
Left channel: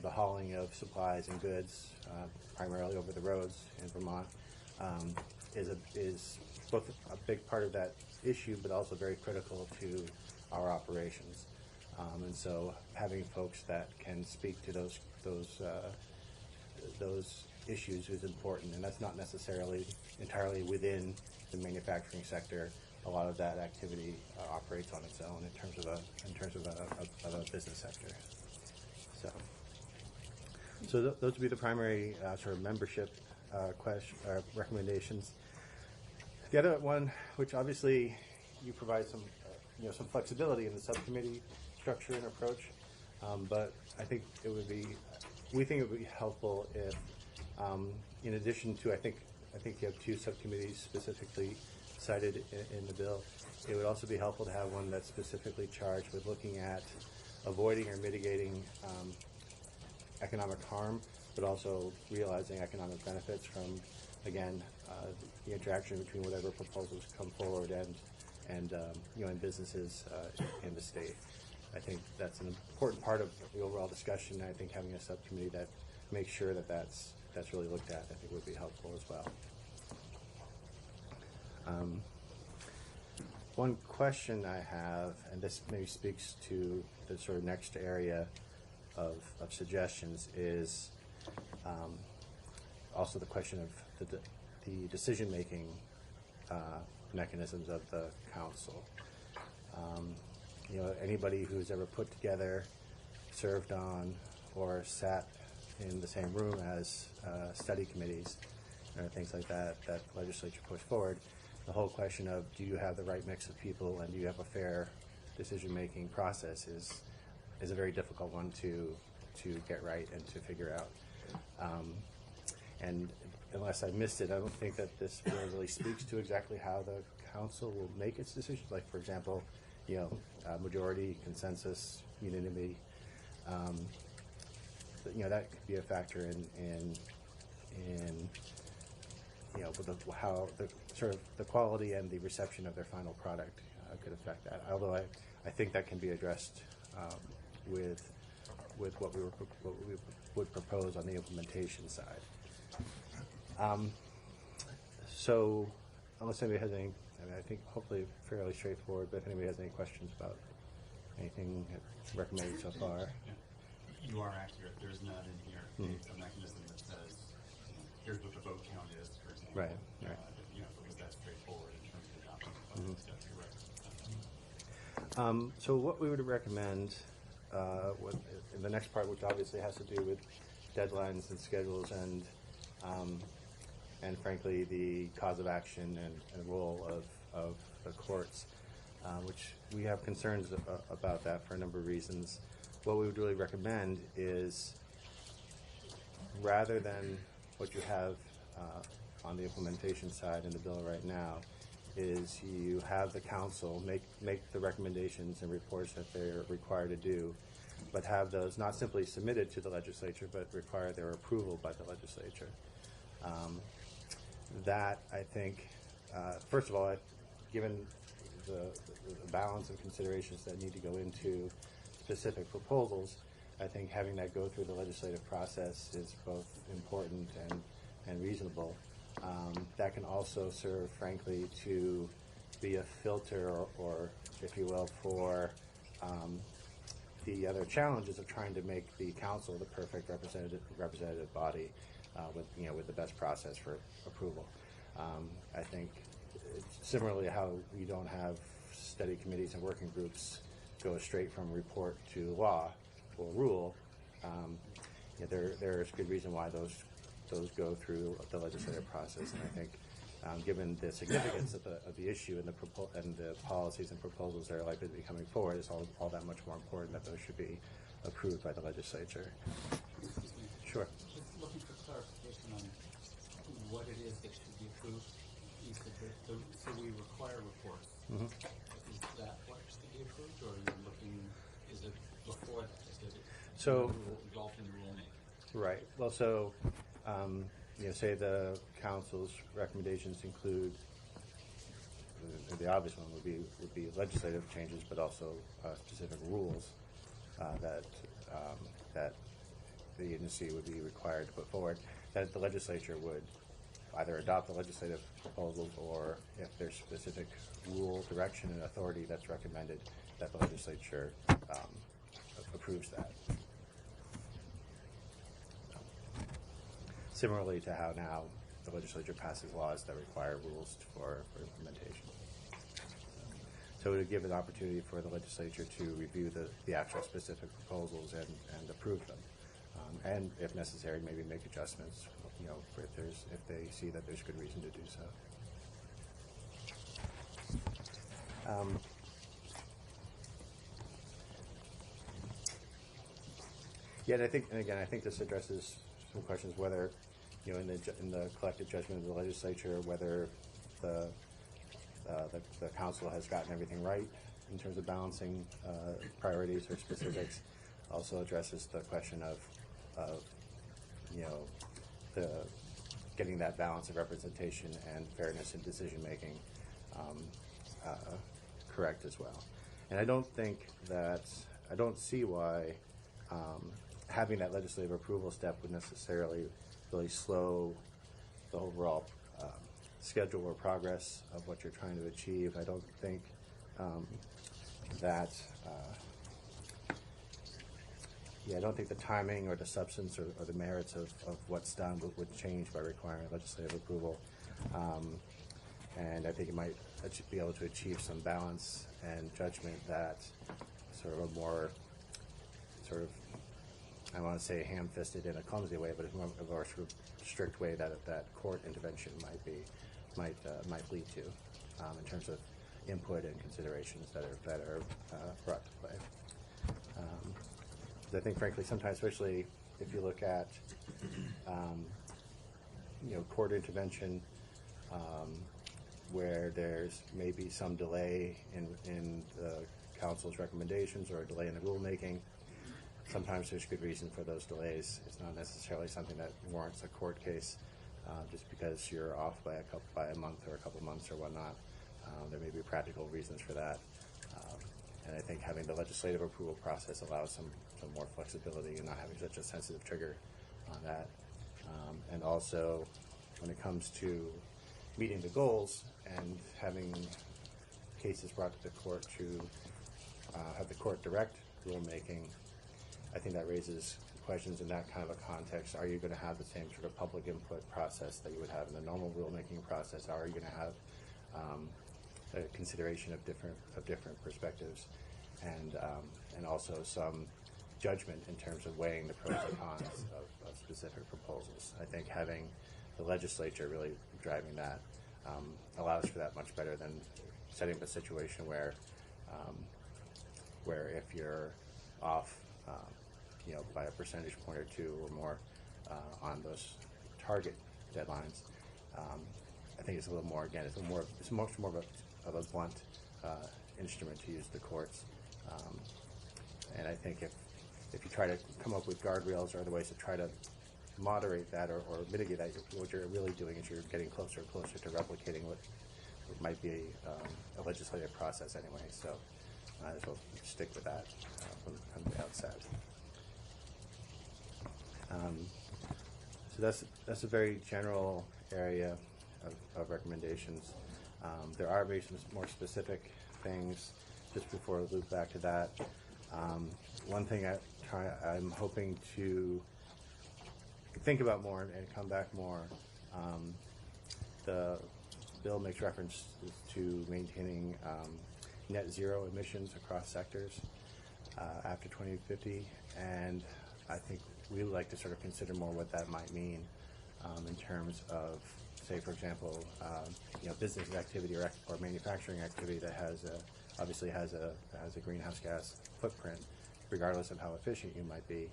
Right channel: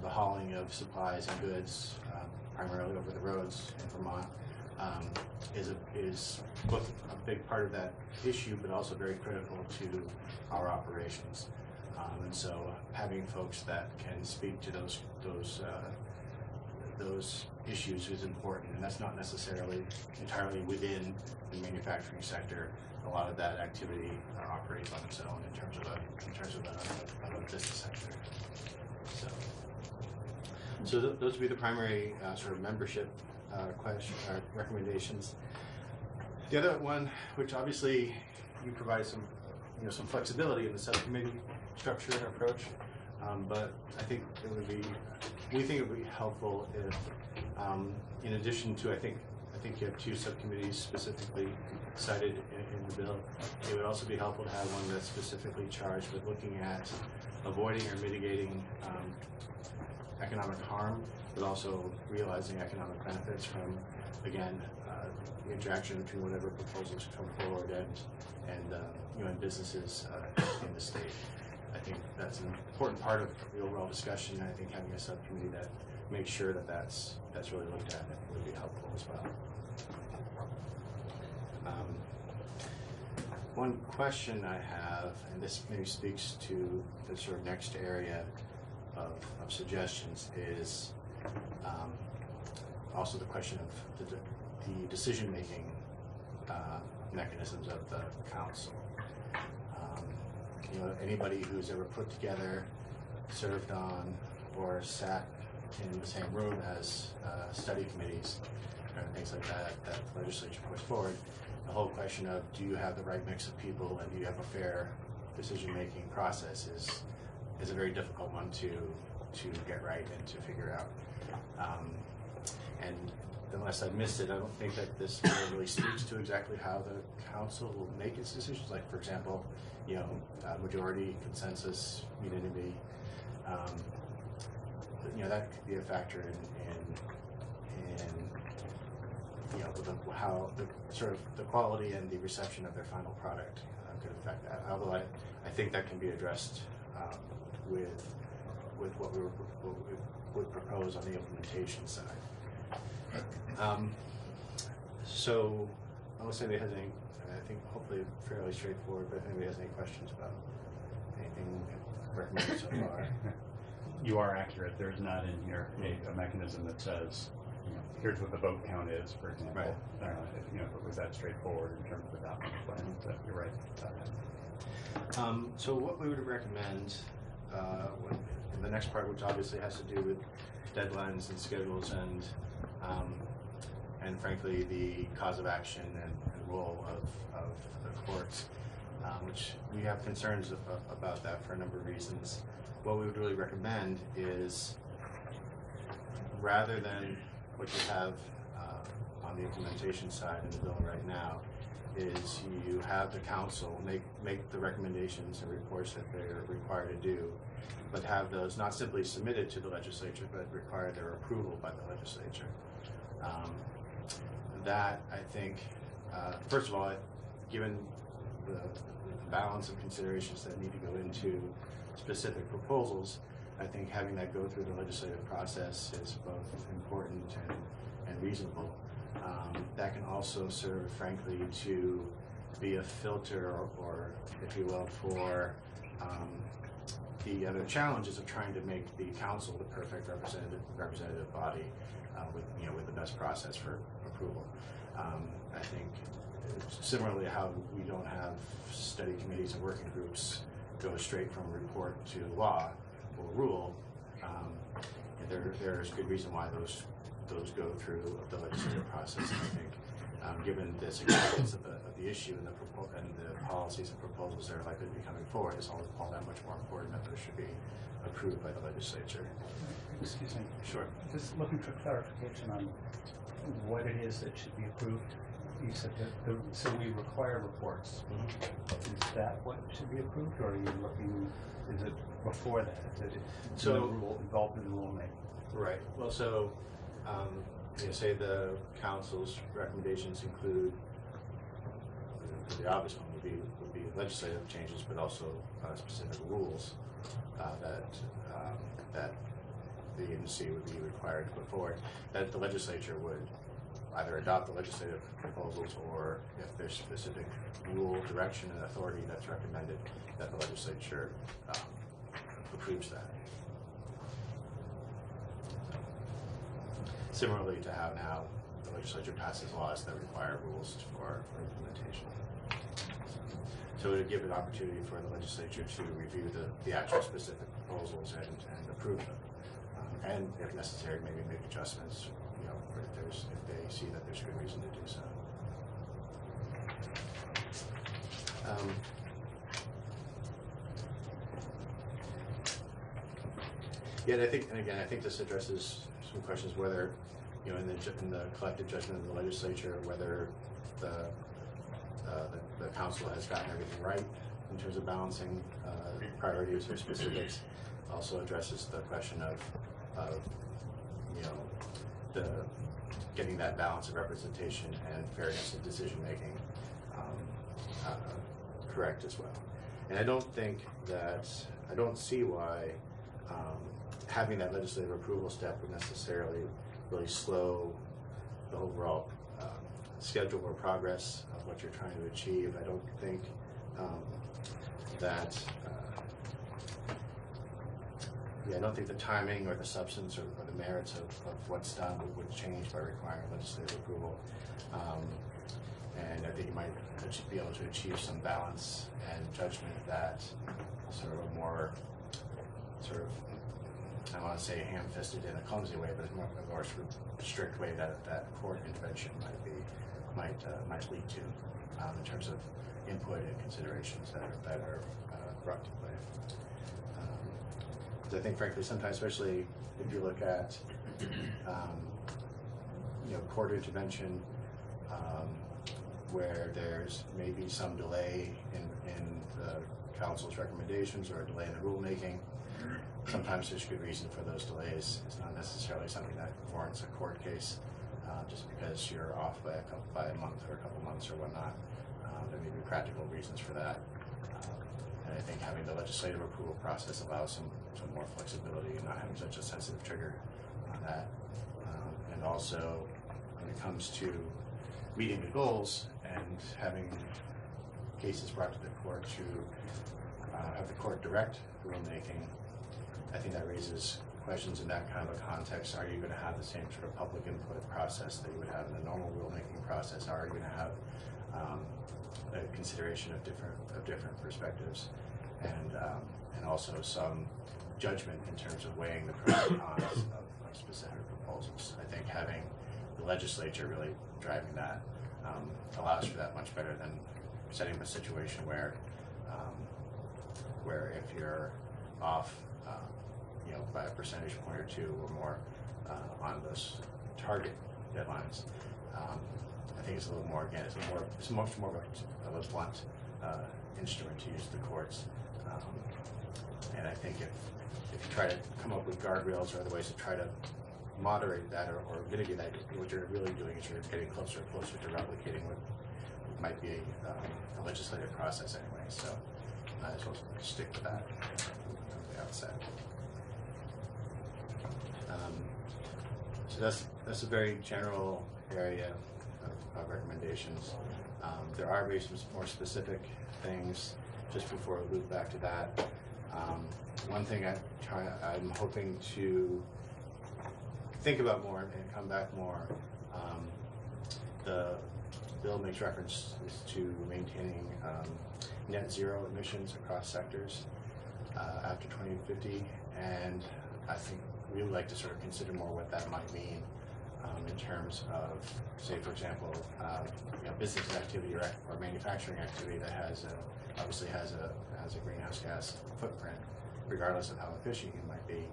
the hauling of supplies and goods, primarily over the roads in Vermont, is both a big part of that issue, but also very critical to our operations. And so having folks that can speak to those issues is important, and that's not necessarily entirely within the manufacturing sector. A lot of that activity operates on its own in terms of this So those would be the primary sort of membership recommendations. The other one, which obviously you provide some, some flexibility in the subcommittee structure and approach, but I think it would be, we think it would be helpful if, in addition to, I think you have 2 subcommittees specifically cited in the bill. It would also be helpful to have one that's specifically charged with looking at avoiding or mitigating economic harm, but also realizing economic benefits from, again, the interaction between whatever proposals come forward and businesses in the state. I think that's an important part of the overall discussion. I think having a subcommittee that makes sure that that's really looked at, I think would be helpful as well. One question I have, and this maybe speaks to the sort of next area of suggestions, is also the question of the decision-making mechanisms of the council. Anybody who's ever put together, served on, or sat in the same room as study committees and things like that the legislature puts forward, the whole question of do you have the right mix of people and do you have a fair decision-making process is a very difficult one to get right and to figure out. And unless I missed it, I don't think that this really speaks to exactly how the council will make its decisions. Like, for example, majority, consensus, unanimity. That could be a factor in how the sort of the quality and the reception of their final product could affect that. Although I think that can be addressed with what we would propose on the implementation side. So unless anybody has any, I think hopefully fairly straightforward, but if anybody has any questions about anything recommended so far. You are accurate. There's not in here a mechanism that says, here's what the vote count is, for example. Right. If it was that straightforward in terms of adopting the plan, so you're right about that. So what we would recommend in the next part, which obviously has to do with deadlines and schedules and frankly the cause of action and the role of the courts, which we have concerns about that for a number of reasons. What we would really recommend is, rather than what you have on the implementation side in the bill right now, is you have the council make the recommendations and reports that they're required to do, but have those not simply submitted to the legislature, but require their approval by the legislature. That, I think, first of all, given the balance of considerations that need to go into specific proposals, I think having that go through the legislative process is both important and reasonable. That can also serve, frankly, to be a filter or if you will, for the other challenges of trying to make the council the perfect representative body with the best process for approval. I think similarly how we don't have study committees and working groups go straight from report to law or rule. There's good reason why those go through the legislative process. And I think given the significance of the issue and the policies and proposals that are likely to be coming forward, it's all that much more important that those should be approved by the legislature. Excuse me. Sure. Just looking for clarification on what it is that should be approved. You said that so we require reports. Mm-hmm. Is that what should be approved, or are you looking? Is it before that? Is it involved in the rulemaking? Right. Well, so say the council's recommendations include the obvious one would be legislative changes, but also specific rules that the agency would be required to put forward, that the legislature would either adopt the legislative proposals, or if there's specific rule, direction, and authority that's recommended, that the legislature approves that. Similarly to how now the legislature passes laws that require rules for implementation. So it would give an opportunity for the legislature to review the actual specific proposals and approve them. and if necessary, maybe make adjustments, you know, if they see that there's good reason to do so. Yeah, and I think this addresses some questions whether, you know, in the collective judgment of the legislature, whether the council has gotten everything right in terms of balancing priorities or specifics. Also addresses the question of you know, getting that balance of representation and fairness in decision making correct as well. And I don't see why having that legislative approval step would necessarily really slow the overall schedule or progress of what you're trying to achieve. I don't think I don't think the timing or the substance or the merits of what's done would change by requiring legislative approval. And I think you might be able to achieve some balance and judgment that sort of a more sort of, I don't want to say ham-fisted in a clumsy way, but a more sort of strict way that court intervention might lead to in terms of input and considerations that are brought to play. I think, frankly, sometimes, especially if you look at you know, court intervention where there's maybe some delay in the council's recommendations or a delay in the rulemaking. Sometimes there's good reason for those delays. It's not necessarily something that warrants a court case just because you're off by a month or a couple months or whatnot. There may be practical reasons for that. And I think having the legislative approval process allows some more flexibility and not having such a sensitive trigger on that. And also, when it comes to meeting the goals and having cases brought to the court to have the court direct rulemaking, I think that raises questions in that kind of a context. Are you going to have the same sort of public input process that you would have in the normal rulemaking process? Are you going to have a consideration of different perspectives, and also some judgment in terms of weighing the pros and cons of specific proposals? I think having the legislature really driving that allows for that much better than setting up a situation where if you're off you know, by a percentage point or two or more on those target deadlines, I think it's a little more, again, it's much more of a blunt instrument to use the courts. And I think if you try to come up with guardrails or other ways to try to moderate that or mitigate that, what you're really doing is you're getting closer and closer to replicating what might be a legislative process anyway. So might as well stick with that from the outset. So that's a very general area of recommendations. There are maybe some more specific things just before we loop back to that. One thing I'm hoping to think about more and come back more. The bill makes reference to maintaining net zero emissions across sectors after 2050, and I think we would like to sort of consider more what that might mean in terms of, say, for example, you know, business activity or manufacturing activity that obviously has a greenhouse gas footprint, regardless of how efficient you might be,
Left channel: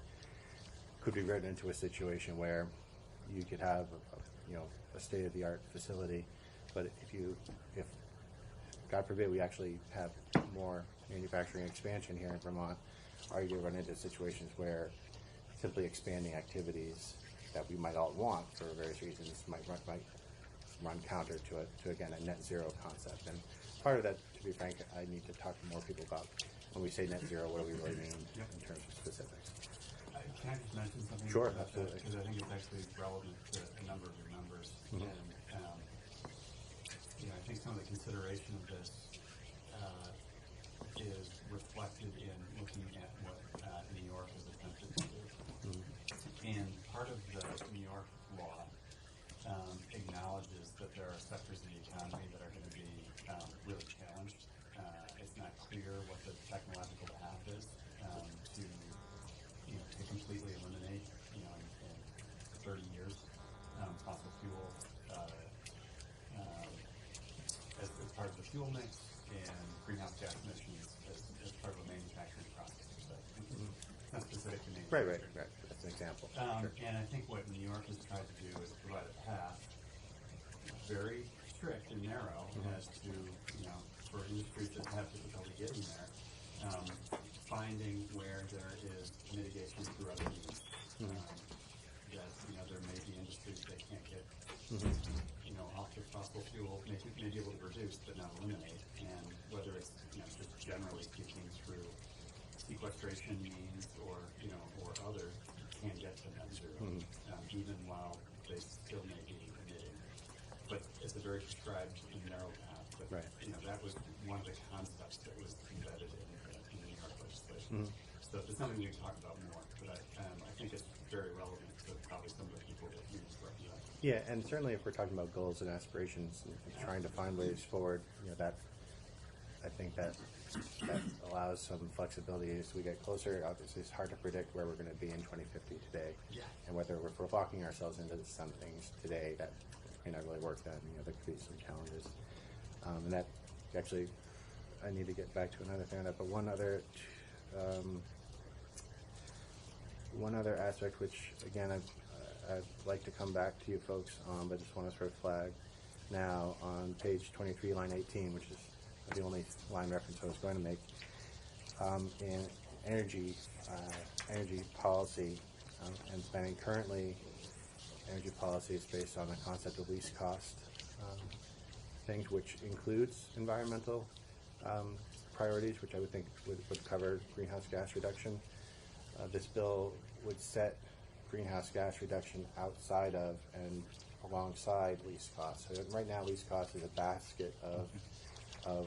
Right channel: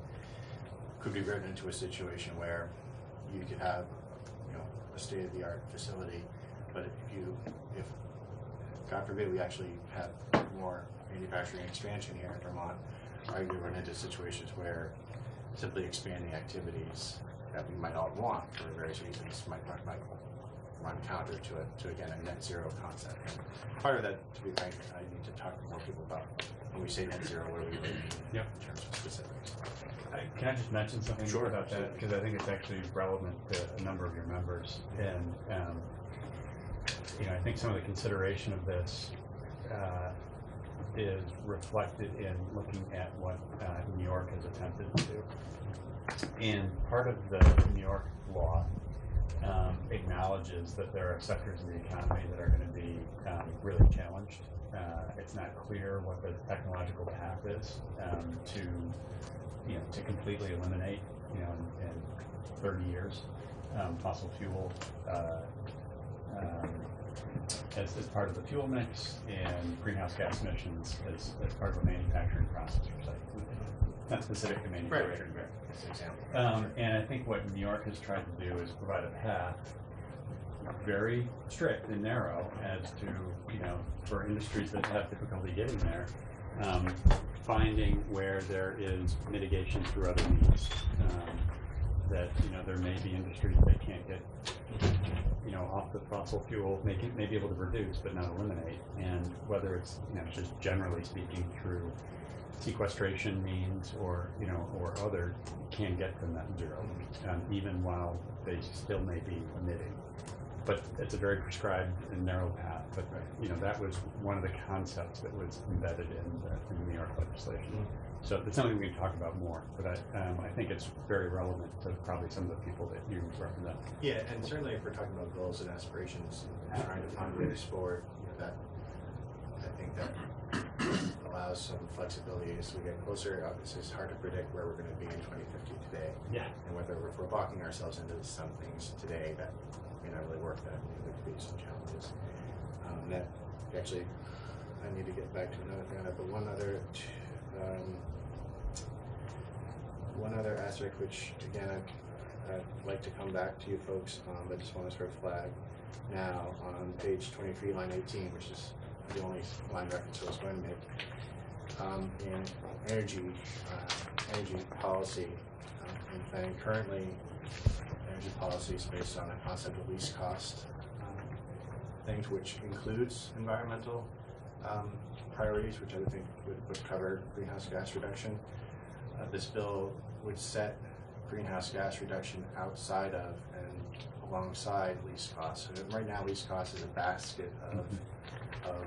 could be written into a situation where you could have, you know, a state-of-the-art facility, but if God forbid we actually have more manufacturing expansion here in Vermont, are you going to run into situations where simply expanding activities that we might all want for various reasons might run counter to again a net zero concept. And part of that, to be frank, I need to talk to more people about when we say net zero, what do we really mean in terms of specifics. Can I just mention something about that? Because I think it's actually relevant to a number of your members. And you know, I think some of the consideration of this is reflected in looking at what New York has attempted to do. And part of the New York law acknowledges that there are sectors of the economy that are going to be really challenged. It's not clear what the technological path is to completely eliminate in 30 years. Fossil fuel as part of the fuel mix, and greenhouse gas emissions as part of a manufacturing process for site. Not specific to manufacturing. Right. That's an example. Sure. And I think what New York has tried to do is provide a path, very strict and narrow, as to, for industries that have difficulty getting there, finding where there is mitigation through other means. That, there may be industries that can't get, off the fossil fuel, may be able to reduce but not eliminate, and whether it's, just generally speaking through sequestration means or other, can get to net zero, even while they still may be emitting. But it's a very prescribed and narrow path. But that was one of the concepts that was embedded in the New York legislation. So it's something we can talk about more. But I think it's very relevant to probably some of the people that you represent. Yeah, and certainly if we're talking about goals and aspirations and trying to find ways forward, that I think that allows some flexibility as we get closer. Obviously, it's hard to predict where we're going to be in 2050 today. Yeah. And whether if we're locking ourselves into some things today that may not really work, that there could be some challenges. That actually, I need to get back to another thing on that, but one other aspect, which again I'd like to come back to you folks on, but just want to sort of flag now on page 23, line 18, which is the only line reference I was going to make, in energy policy and planning. Currently, energy policy is based on a concept of least cost things, which includes environmental priorities, which I would think would cover greenhouse gas reduction. This bill would set greenhouse gas reduction outside of and alongside least costs. So right now, least cost is a basket of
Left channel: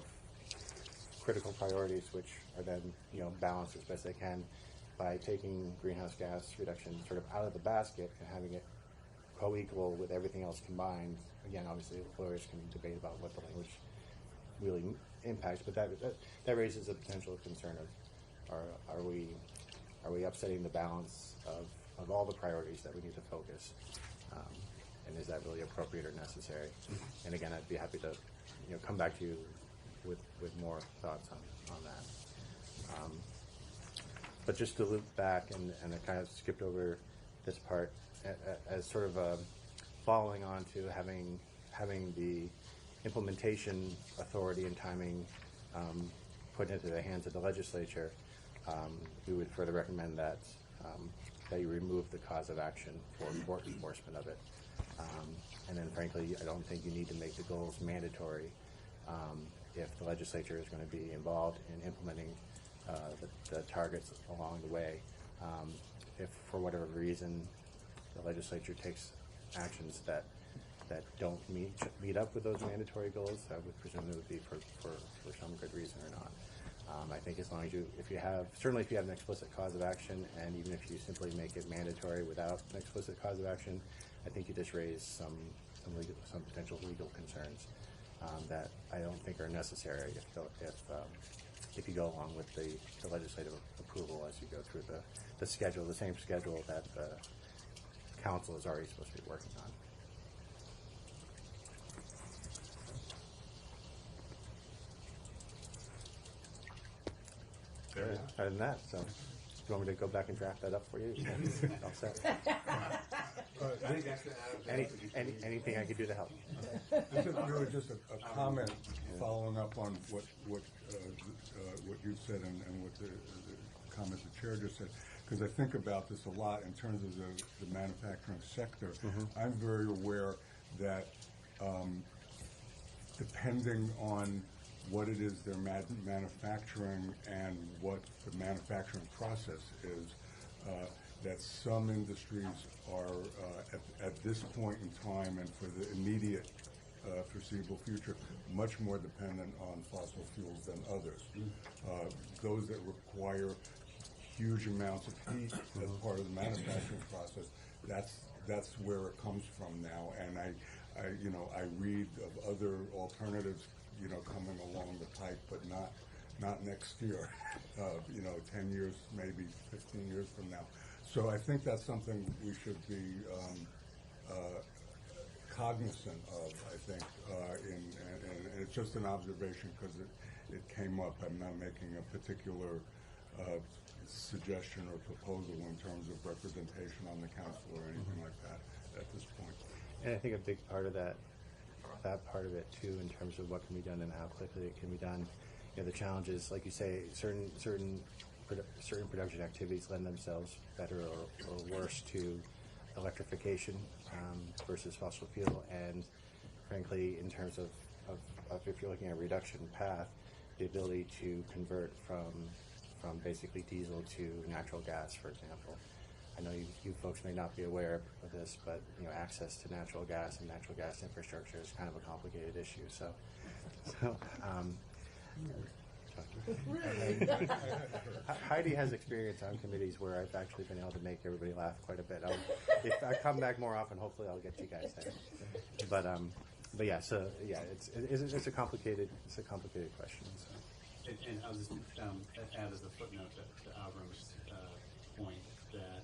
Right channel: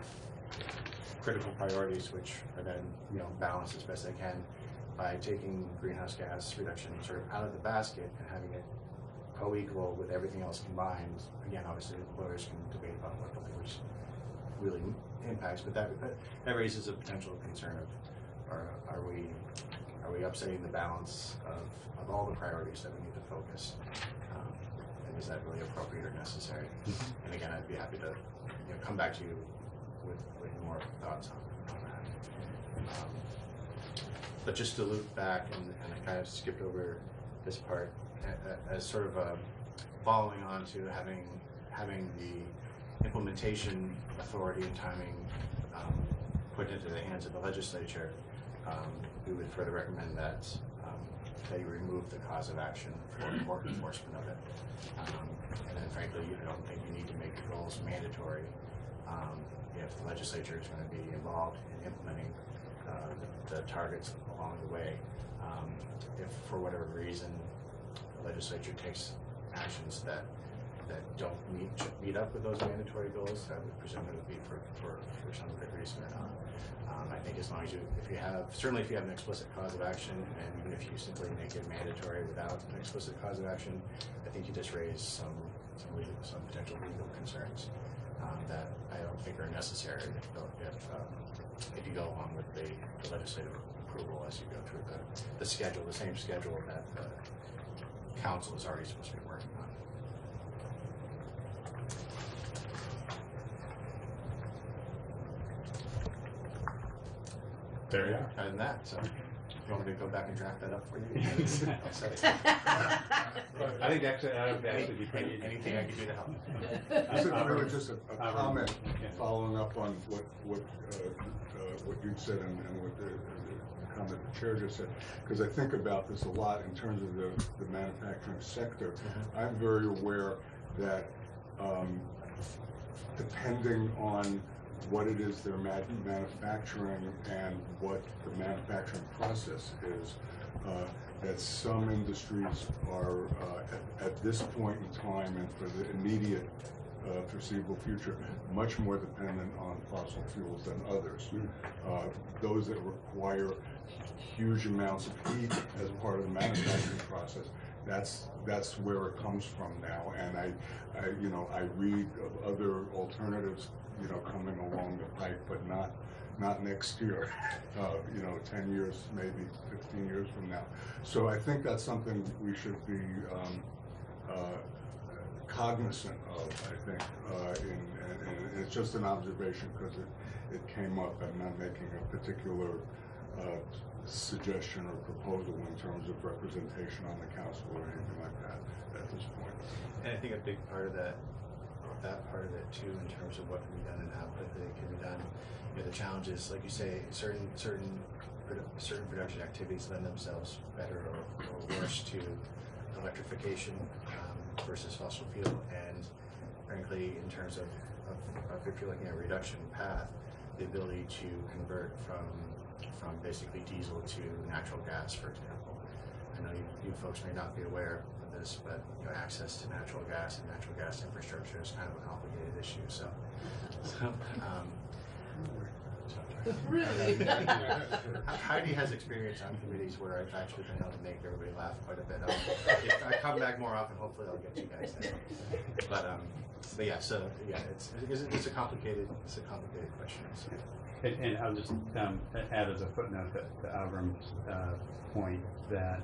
critical priorities, which are then balanced as best they can by taking greenhouse gas reduction sort of out of the basket and having it co-equal with everything else combined. Again, obviously, lawyers can debate about what the language really impacts, but that raises a potential concern of are we upsetting the balance of all the priorities that we need to focus, and is that really appropriate or necessary? And again, I'd be happy to come back to you with more thoughts on that. But just to loop back, and I kind of skipped over this part, as sort of following on to having the implementation authority and timing put into the hands of the legislature, we would further recommend that that you remove the cause of action for enforcement of it. And then frankly, I don't think you need to make the goals mandatory if the legislature is going to be involved in implementing the targets along the way. If for whatever reason the legislature takes actions that don't meet up with those mandatory goals, I would presume it would be for some good reason or not. I think as long as certainly if you have an explicit cause of action, and even if you simply make it mandatory without an explicit cause of action, I think you just raise some potential legal concerns that I don't think are necessary if you go along with the legislative approval as you go through the schedule, the same schedule that the council is already supposed to be working on. There you are. Other than that, so you want me to go back and draft that up for you? I think actually, anything I can do to help. Really just a comment following up on what you said and what the comment the chair just said, because I think about this a lot in terms of the manufacturing sector. I'm very aware that depending on what it is they're manufacturing and what the manufacturing process is, that some industries are at this point in time and for the immediate foreseeable future much more dependent on fossil fuels than others. Those that require huge amounts of heat as part of the manufacturing process, that's where it comes from now. And I read of other alternatives coming along the pike, but not next year, 10 years, maybe 15 years from now. So I think that's something we should be cognizant of, I think, and it's just an observation because it came up. I'm not making a particular suggestion or proposal in terms of representation on the council or anything like that at this point. And I think a big part of that part of it too, in terms of what can be done and how quickly it can be done. The challenge is, like you say, certain production activities lend themselves better or worse to electrification versus fossil fuel. And frankly, in terms of if you're looking at a reduction path, the ability to convert from basically diesel to natural gas, for example. I know you folks may not be aware of this, but access to natural gas and natural gas infrastructure is kind of a complicated issue. Heidi has experience on committees where I've actually been able to make everybody laugh quite a bit. If I come back more often, hopefully I'll get you guys there. But yeah, so yeah, it's a complicated question. So. And I'll just add as a footnote to Avram's point that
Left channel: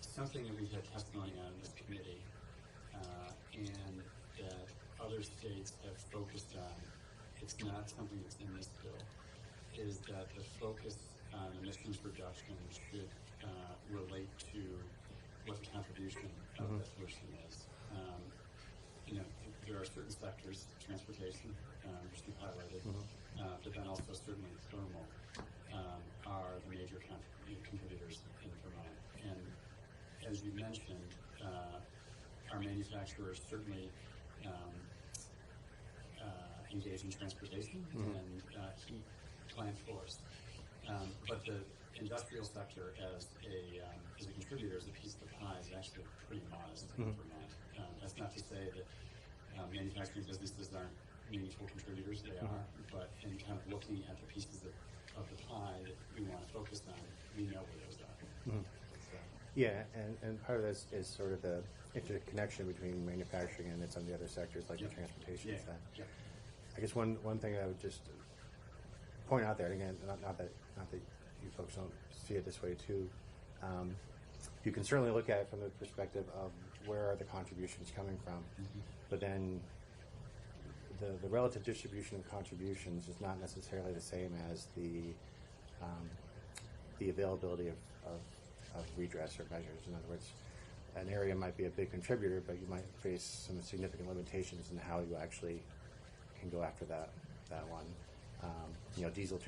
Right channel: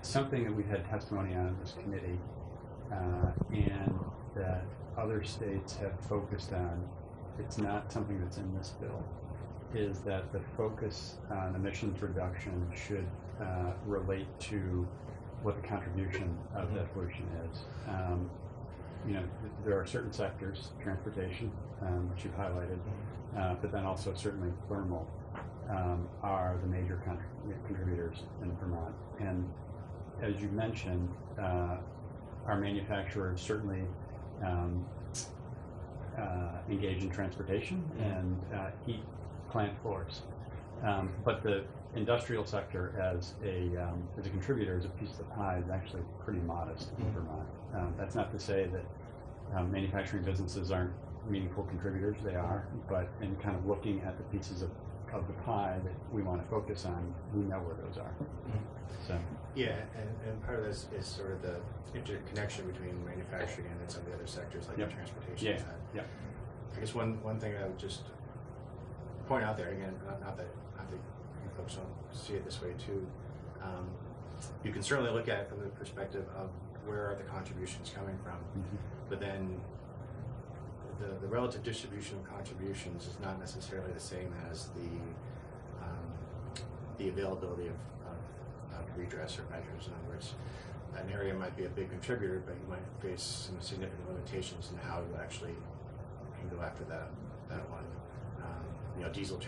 something that we've had testimony on in this committee and that other states have focused on, it's not something that's in this bill, is that the focus on emissions reduction should relate to what the contribution of that pollution is. There are certain sectors, transportation, which you've highlighted, but then also certainly thermal are the major contributors in Vermont. And as you mentioned, our manufacturers certainly engage in transportation and heat plant floors. But the industrial sector as a contributor, as a piece of the pie, is actually pretty modest in Vermont. That's not to say that manufacturing businesses aren't meaningful contributors, they are, but in kind of looking at the pieces of the pie that we want to focus on, we know where those are. So. Yeah, and part of this is sort of the interconnection between manufacturing and some of the other sectors like the transportation side. Yeah. I guess one thing I would just point out there, again, not that you folks don't see it this way too, you can certainly look at it from the perspective of where are the contributions coming from, but then the relative distribution of contributions is not necessarily the same as the availability of redress or measures. In other words, an area might be a big contributor, but you might face some significant limitations in how you actually can go after that one. Diesel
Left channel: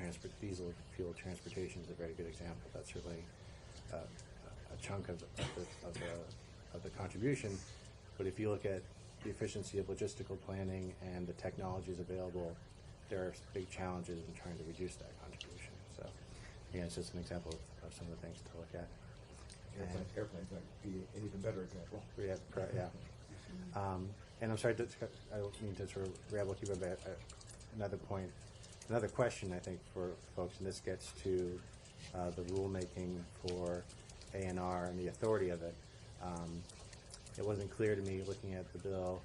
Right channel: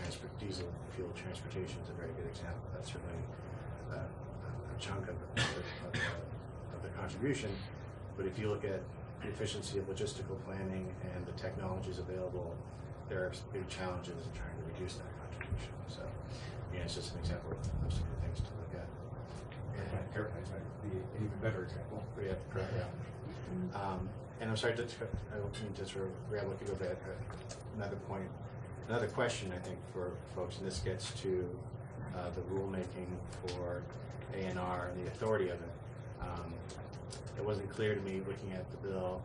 fuel transportation is a very good example. That's certainly a chunk of the contribution. But if you look at the efficiency of logistical planning and the technologies available, there are big challenges in trying to reduce that contribution. So, it's just an example of some of the things to look at. Airplanes might be an even better example. Yeah. And I'm sorry, I don't mean to sort of ramble you go back. Another question I think for folks, and this gets to the rulemaking for A&R and the authority of it. It wasn't clear to me looking at the bill.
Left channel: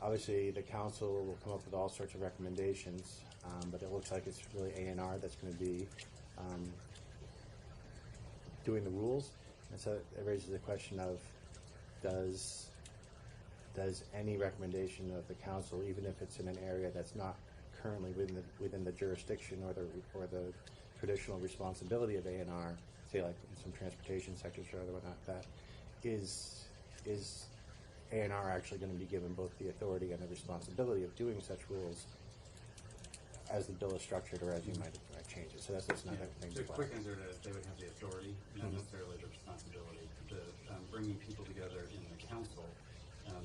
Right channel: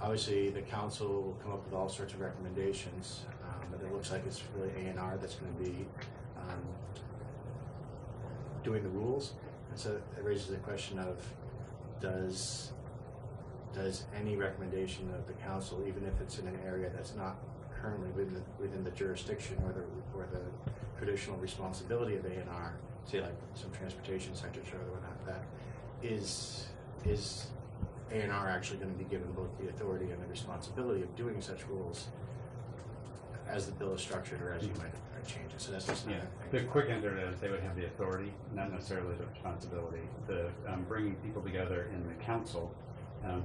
Obviously, the council will come up with all sorts of recommendations, but it looks like it's really A&R that's going to be doing the rules, and so it raises the question of does any recommendation of the council, even if it's in an area that's not currently within the jurisdiction or the traditional responsibility of A&R, say like some transportation sectors or other whatnot, that is A&R actually going to be given both the authority and the responsibility of doing such rules as the bill is structured or as you might change it? So that's just not The quick answer is they would have the authority, not necessarily the responsibility. The bringing people together in the council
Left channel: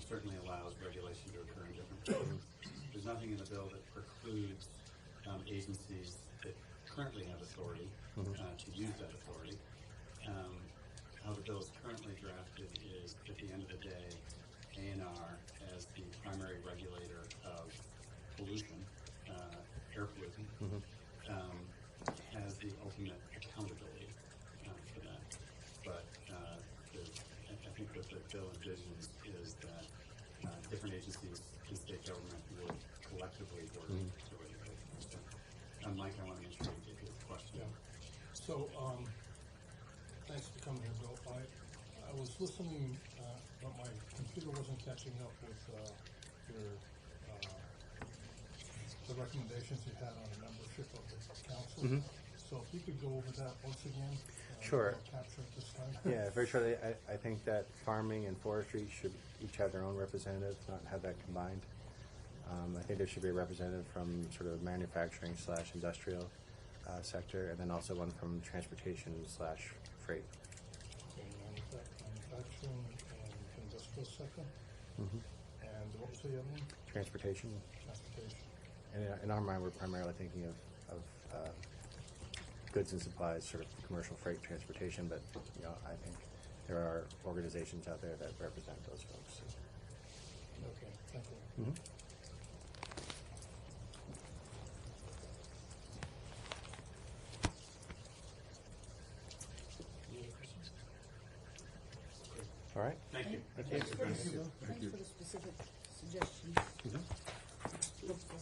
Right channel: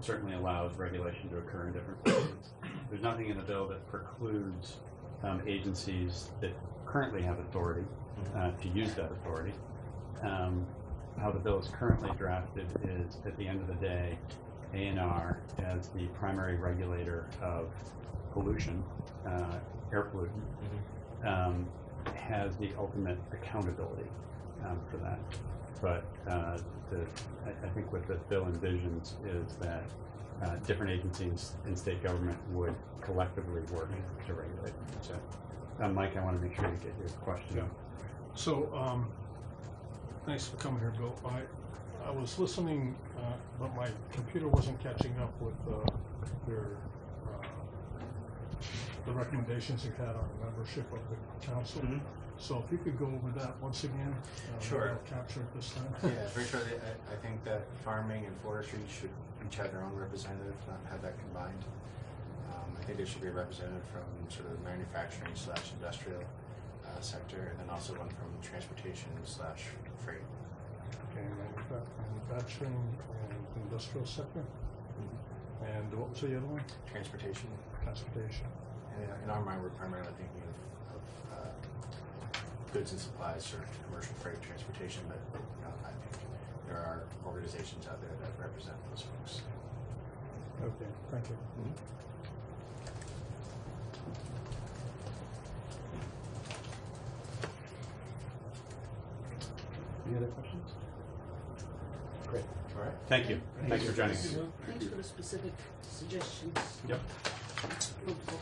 certainly allows regulation to occur in different places. There's nothing in the bill that precludes agencies that currently have authority to use that authority. How the bill is currently drafted is, at the end of the day, A&R as the primary regulator of pollution, air pollutant, has the ultimate accountability for that. But I think what the bill envisions is that different agencies in state government would collectively work to regulate. So, Mike, I want to make sure you get your question. Yeah. So, thanks for coming here, Bill. I was listening, but my computer wasn't catching up with your the recommendations you had on membership of the council. Mhm. So if you could go over that once again, Sure. I'll capture it this time. Yeah, very shortly, I think that farming and forestry should each have their own representative, have that combined. I think there should be a representative from sort of the manufacturing slash industrial sector, and then also one from transportation slash freight. Okay, manufacturing and industrial sector. And what was the other one? Transportation. Transportation. And in our mind, we're primarily thinking of goods and supplies, sort of commercial freight transportation, but I think there are organizations out there that represent those folks. Okay, thank you. Any other questions? Great. All right. Thank you. Thanks for joining us. Thanks for the specific suggestions. Yep. Helpful.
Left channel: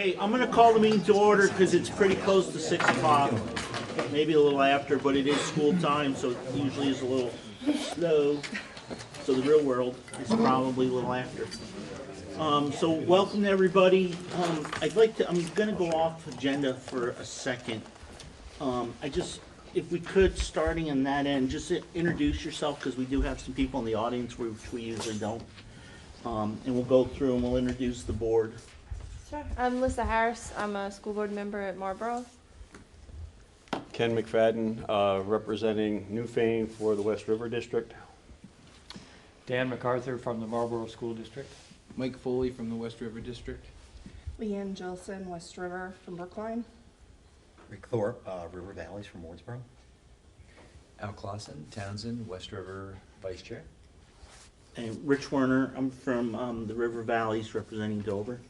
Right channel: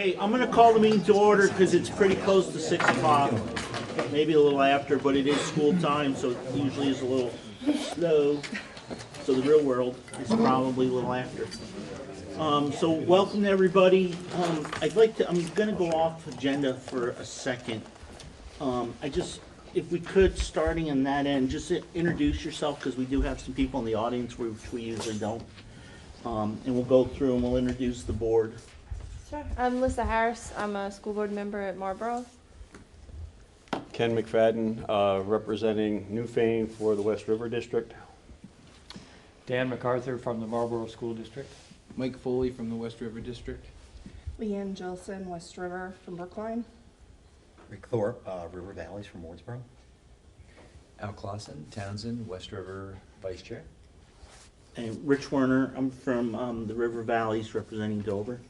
Okay, I'm gonna call the meeting to order because it's pretty close to 6 o'clock, maybe a little after, but it is school time, so it usually is a little slow. So the real world is probably a little after. So welcome to everybody. I'm gonna go off agenda for a second. If we could, starting in that end, just introduce yourself, because we do have some people in the audience, which we usually don't. And we'll go through and we'll introduce the board. Sure. I'm Lisa Harris. I'm a school board member at Marlboro. Ken McFadden, representing Newfane for the West River District. Dan MacArthur from the Marlboro School District. Mike Foley from the West River District. Leanne Gilson, West River from Brookline. Rick Thorpe, River Valleys from Wardsboro. Al Clausen, Townsend, West River Vice Chair. And Rich Werner, I'm from the River Valleys, representing Dover.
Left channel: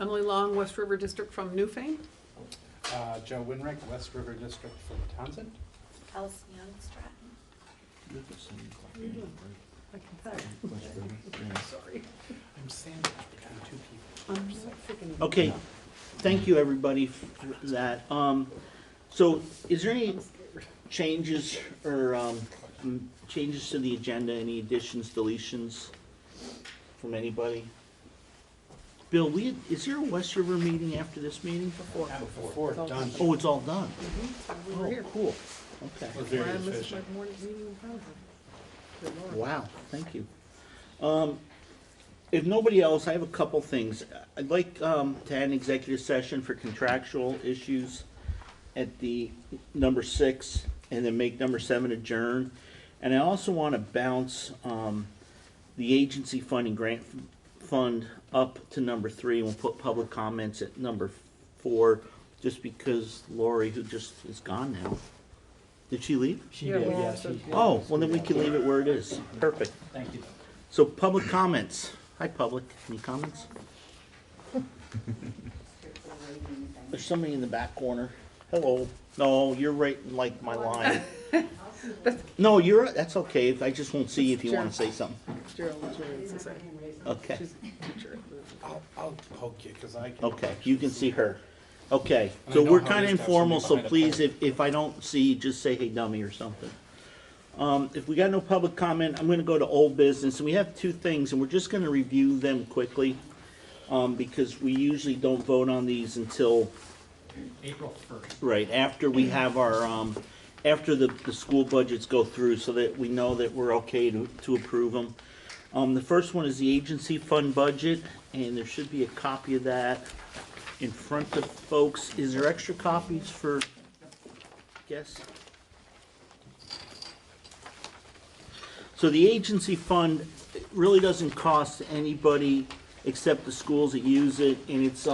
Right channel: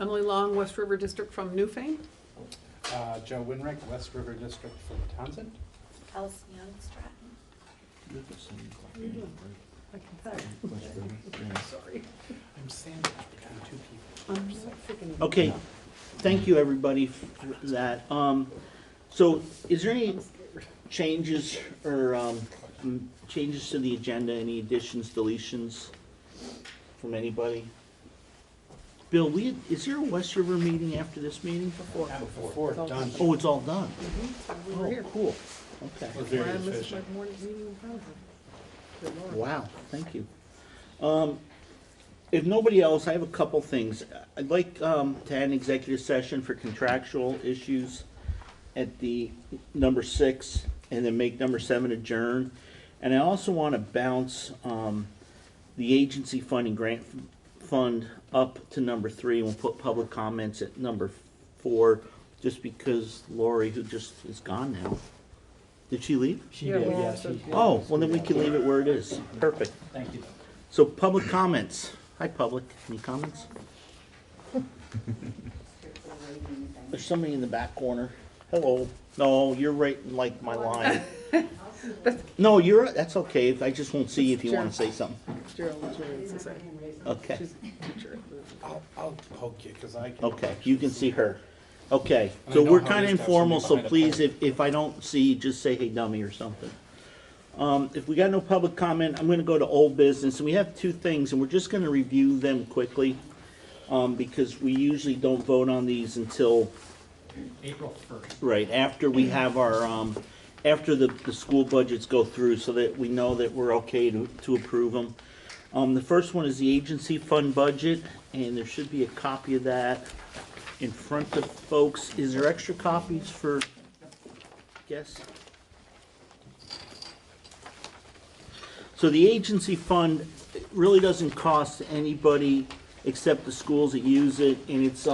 Emily Long, West River District from Newfane. Joe Winrick, West River District from Townsend. Alison Young, Stratton. Sorry. I'm sandwiched between two people. Okay, thank you everybody for that. So is there any changes or changes to the agenda, any additions, deletions from anybody? Bill, is there a West River meeting after this meeting? Before it's done. Oh, it's all done? We were here. Cool, okay. We're very I missed efficient. my morning meeting in Townsend. Good Lord. Wow, thank you. If nobody else, I have a couple things. I'd like to add an executive session for contractual issues at the number 6, and then make number 7 adjourn. And I also want to bounce the agency funding grant fund up to number 3, and we'll put public comments at number 4, just because Lori, who just is gone now. Did she leave? She did, yes. Oh, well then we can leave it where it is. Perfect. Thank you. So public comments. Hi, public. Any comments? There's somebody in the back corner. Hello. No, you're right in like my line. No, that's okay. I just won't see you if you want to say something. Okay. I'll poke you because I can. Okay, you can see her. Okay, And so I know we're how kind it of is to have informal, so somebody behind a please, if I don't see you, just say, hey, dummy, or something. If we got no public comment, I'm gonna go to old business, and we have 2 things, and we're just gonna review them quickly, because we usually don't vote on these until, April 1st. right, after we have our, after the school budgets go through, so that we know that we're okay to approve them. The first one is the agency fund budget, and there should be a copy of that in front of folks. Is there extra copies for guests? So the agency fund really doesn't cost anybody except the schools that use it, and it's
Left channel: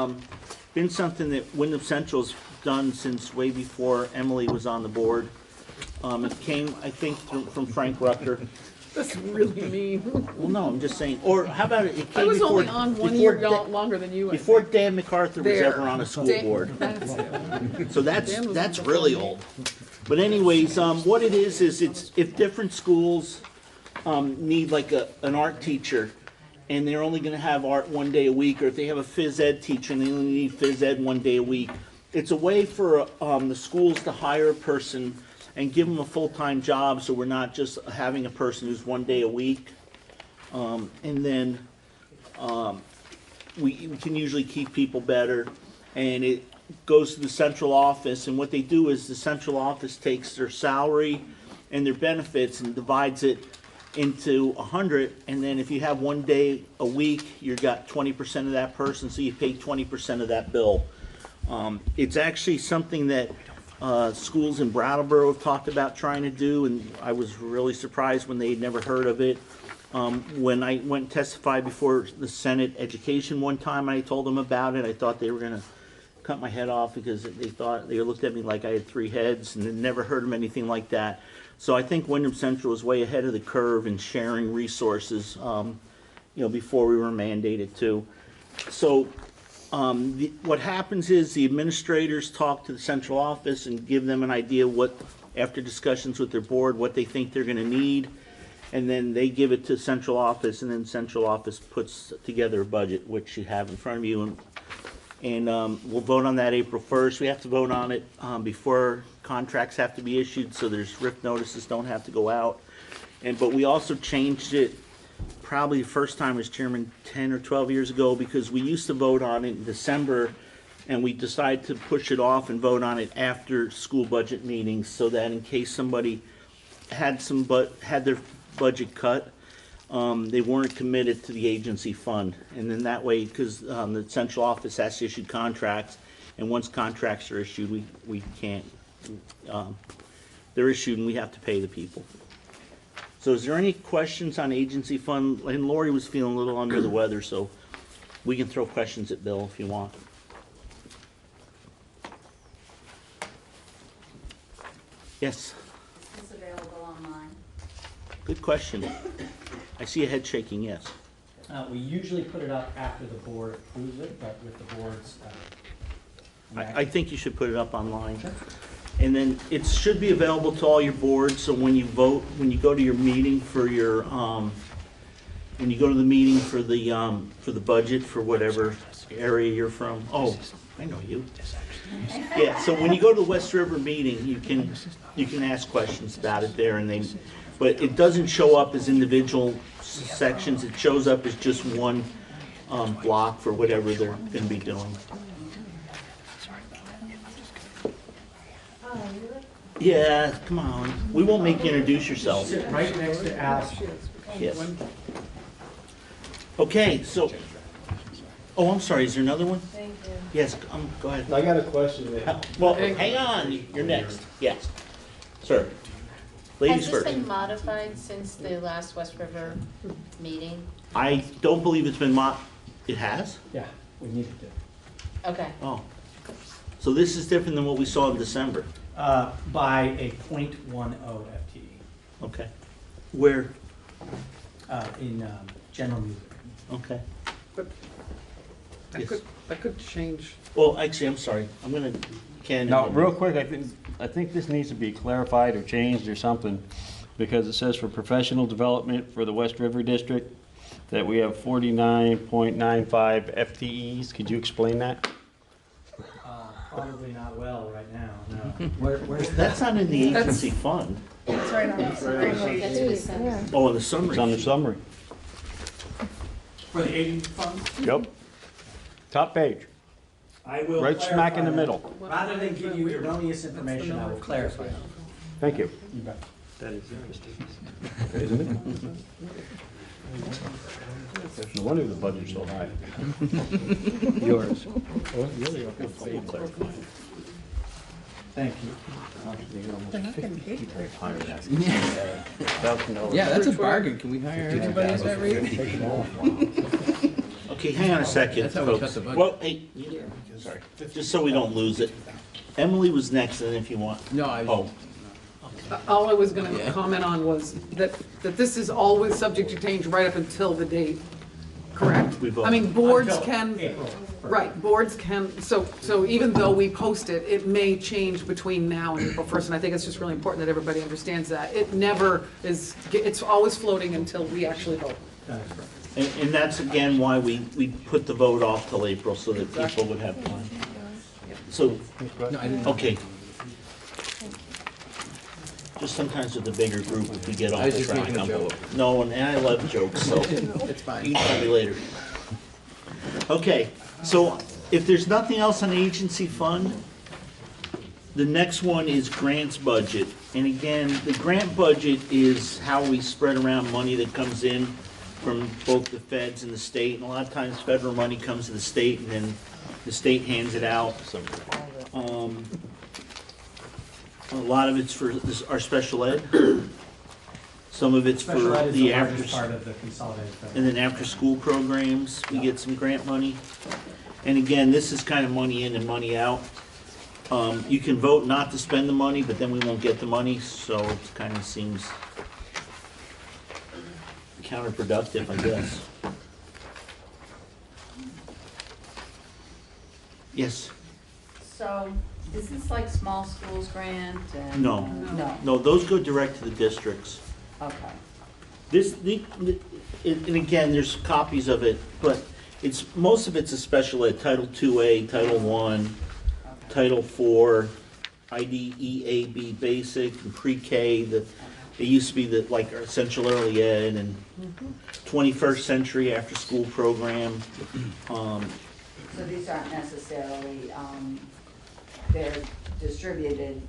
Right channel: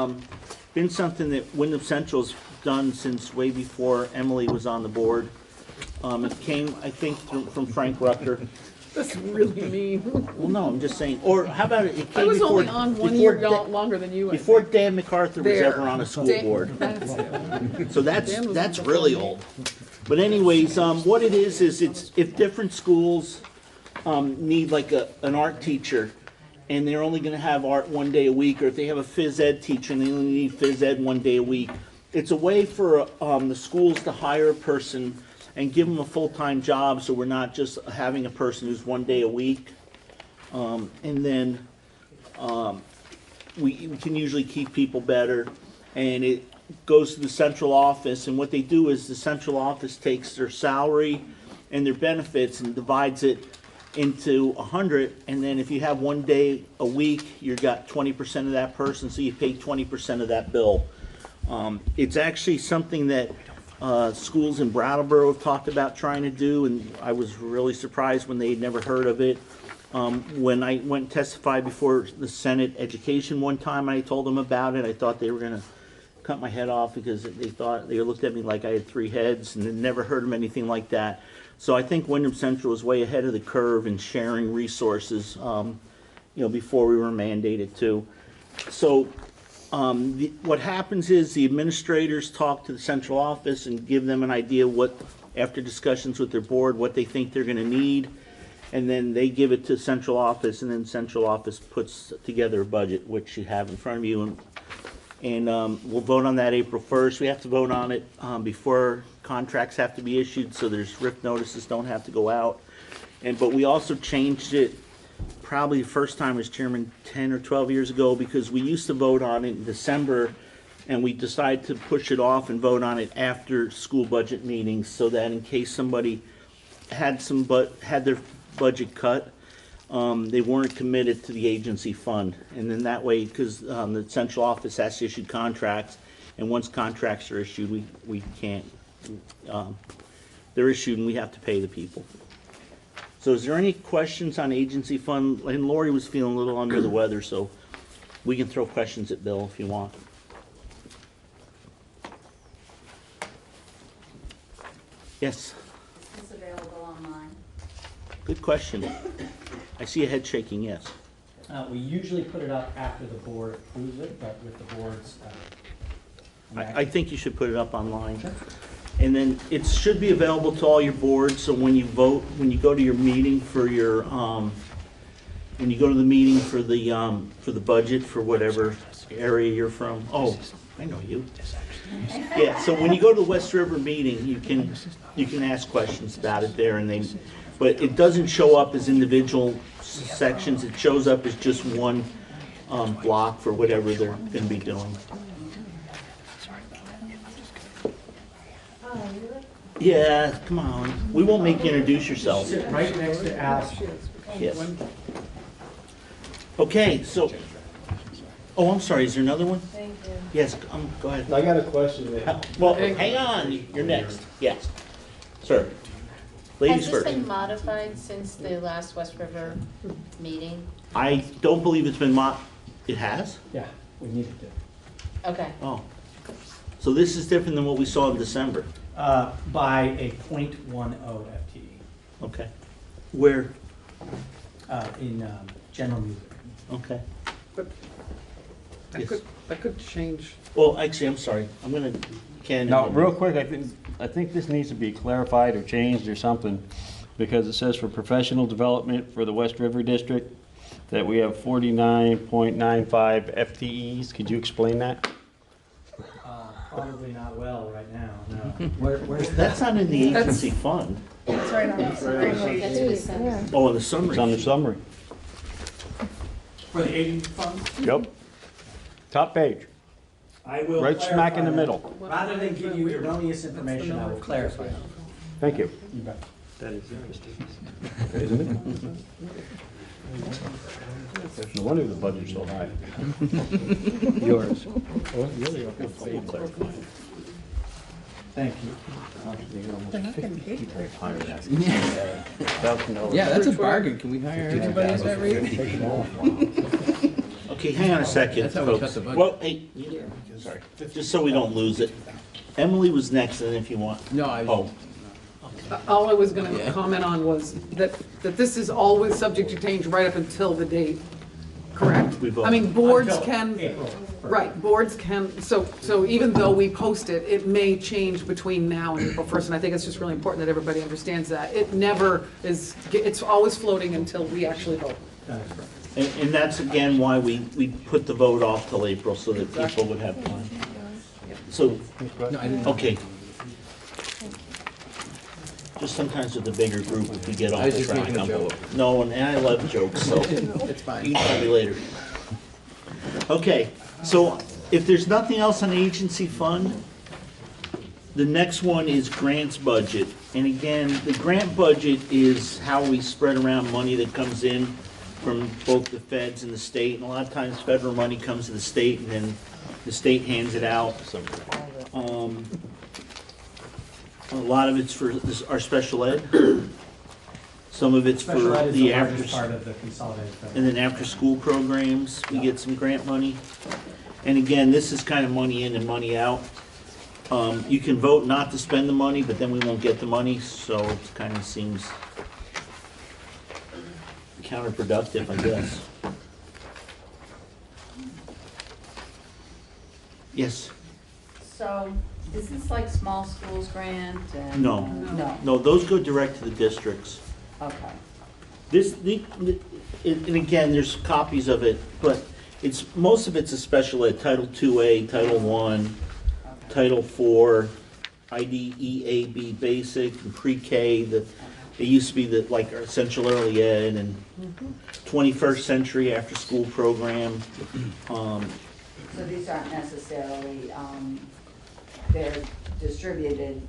been something that Wyndham Central's done since way before Emily was on the board. It came, I think, from Frank Rucker. That's really mean. Well, no, I'm just saying. Or how about it? It came I was before, only on one before year longer than you. I before think. Dan MacArthur was There. ever on a school Dan- board. that's it. So Dan was that's before really me. old. But anyways, what it is it's if different schools need like an art teacher, and they're only going to have art 1 day a week, or if they have a phys ed teacher and they only need phys ed 1 day a week, it's a way for the schools to hire a person and give them a full-time job, so we're not just having a person who's 1 day a week. And then we can usually keep people better, and it goes to the central office, and what they do is the central office takes their salary and their benefits and divides it into 100, and then if you have 1 day a week, you got 20% of that person, so you pay 20% of that bill. It's actually something that schools in Brattleboro have talked about trying to do, and I was really surprised when they'd never heard of it. When I went and testified before the Senate Education one time, I told them about it. I thought they were going to cut my head off because they looked at me like I had 3 heads, and they'd never heard of anything like that. So I think Wyndham Central is way ahead of the curve in sharing resources, before we were mandated to. So what happens is the administrators talk to the central office and give them an idea what, after discussions with their board, what they think they're going to need, and then they give it to central office, and then central office puts together a budget, which you have in front of you. And And we'll vote on that April 1st. We have to vote on it before contracts have to be issued, so there's RIF notices don't have to go out. But we also changed it probably the first time as chairman 10 or 12 years ago, because we used to vote on it in December, and we decided to push it off and vote on it after school budget meetings, so that in case somebody had their budget cut, they weren't committed to the agency fund. And then that way, because the central office has to issue contracts, and once contracts are issued, we can't, they're issued and we have to pay the people. So is there any questions on agency fund? And Lori was feeling a little under the weather, so we can throw questions at Bill if you want. Yes? Is this available online? Good question. I see a head shaking, yes. We usually put it up after the board approves it, but with the board's. I think you should put it up online. And then it should be available to all your boards, so when you vote, when you go to your meeting for your, when you go to the meeting for the budget for whatever area you're from. Oh, I know you. Yeah, so when you go to the West River meeting, you can ask questions about it there, and but it doesn't show up as individual sections. It shows up as just one block for whatever they're going to be doing. Yeah, come on. We won't make you introduce yourself. Sit right next to Alice. Yes. Okay, so, oh, I'm sorry, is there another one? Thank you. Yes, go ahead. I got a question there. Well, hang on, you're next. Yes. Sir. Ladies Has first. this been modified since the last West River meeting? I don't believe it's been it has? Yeah, we needed to. Okay. Oh. So this is different than what we saw in December? By a .10 FTE. Okay. Where? In general music. Okay. But that could change. Well, actually, I'm sorry. I'm gonna, Ken. Now, real quick, I think this needs to be clarified or changed or something, because it says for professional development for the West River District, that we have 49.95 FTEs. Could you explain that? Probably not well right now, no. Where's That's not in the agency fund. It's right on the summary sheet. That's what he said. Oh, in the summary. It's on the summary. For the agency fund? Yep. Top page. I will Right smack in the clarify middle. that. Rather than give you erroneous information, I will clarify. Thank you. You bet. That is interesting. Isn't it? No wonder the budget's so high. Yours. Thank you. They're not getting paid for it. Yeah, that's a bargain. Can we hire anybody at that rate? Okay, hang on a second, That's how we cut folks. the budget. Well, hey, sorry, just so we don't lose it. Emily was next, and if you want. No, I. Oh, All I was gonna comment on was that this is always subject to change right up until the date, correct? We vote. I mean, boards Until can, April 1st. right, boards can, so even though we post it, it may change between now and April 1st, and I think it's just really important that everybody understands that. It never is, it's always floating until we actually vote. That is correct. and that's again why we put the vote off till April, so that people would have time. So, No, I didn't. okay. Just sometimes with the bigger group, if we get off I was the just track. making a joke. No, and I love jokes, so. It's fine. You can tell me later. Okay, so if there's nothing else on the agency fund, the next one is grants budget. And again, the grant budget is how we spread around money that comes in from both the feds and the state. And a lot of times federal money comes to the state and then the state hands it out. A lot of it's for our special ed. Some of it's for Special ed is the the largest after, part of the consolidated federal. and then after-school programs, we get some grant money. And again, this is kind of money in and money out. You can vote not to spend the money, but then we won't get the money, so it kind of seems counterproductive, I guess. Yes? So, is this like small schools grant and? No. No, No, those go direct to the districts. okay. And again, there's copies of it, but most of it's a special ed, Title II-A, Title I, Title IV, IDEAB basic, and pre-K, it used to be like our essential early ed and 21st century after school program. So these aren't necessarily, they're distributed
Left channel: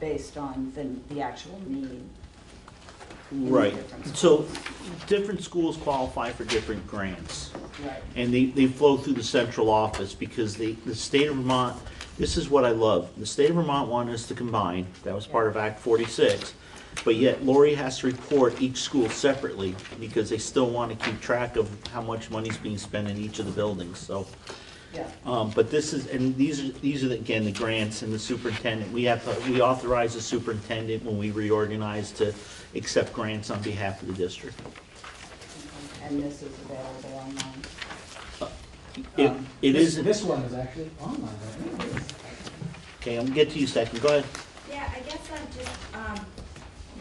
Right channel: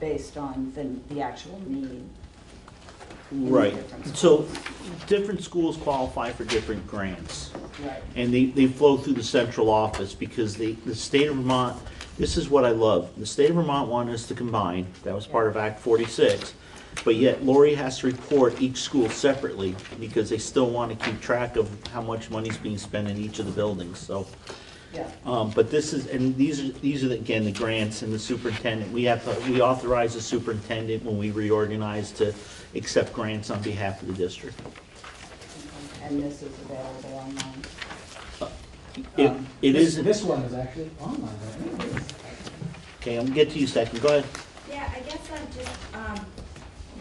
based on the actual need. Right, so different schools qualify for different grants. Right. And they flow through the central office because the state of Vermont, this is what I love. The state of Vermont wanted us to combine, that was part of Act 46, but yet Lori has to report each school separately because they still want to keep track of how much money's being spent in each of the buildings, so. Yeah. But this is, and these are again, the grants and the superintendent. We authorize the superintendent when we reorganize to accept grants on behalf of the district. And this is available online? It is. This one is actually online, right? Okay, I'm gonna get to you second, go ahead. Yeah, I guess I'm just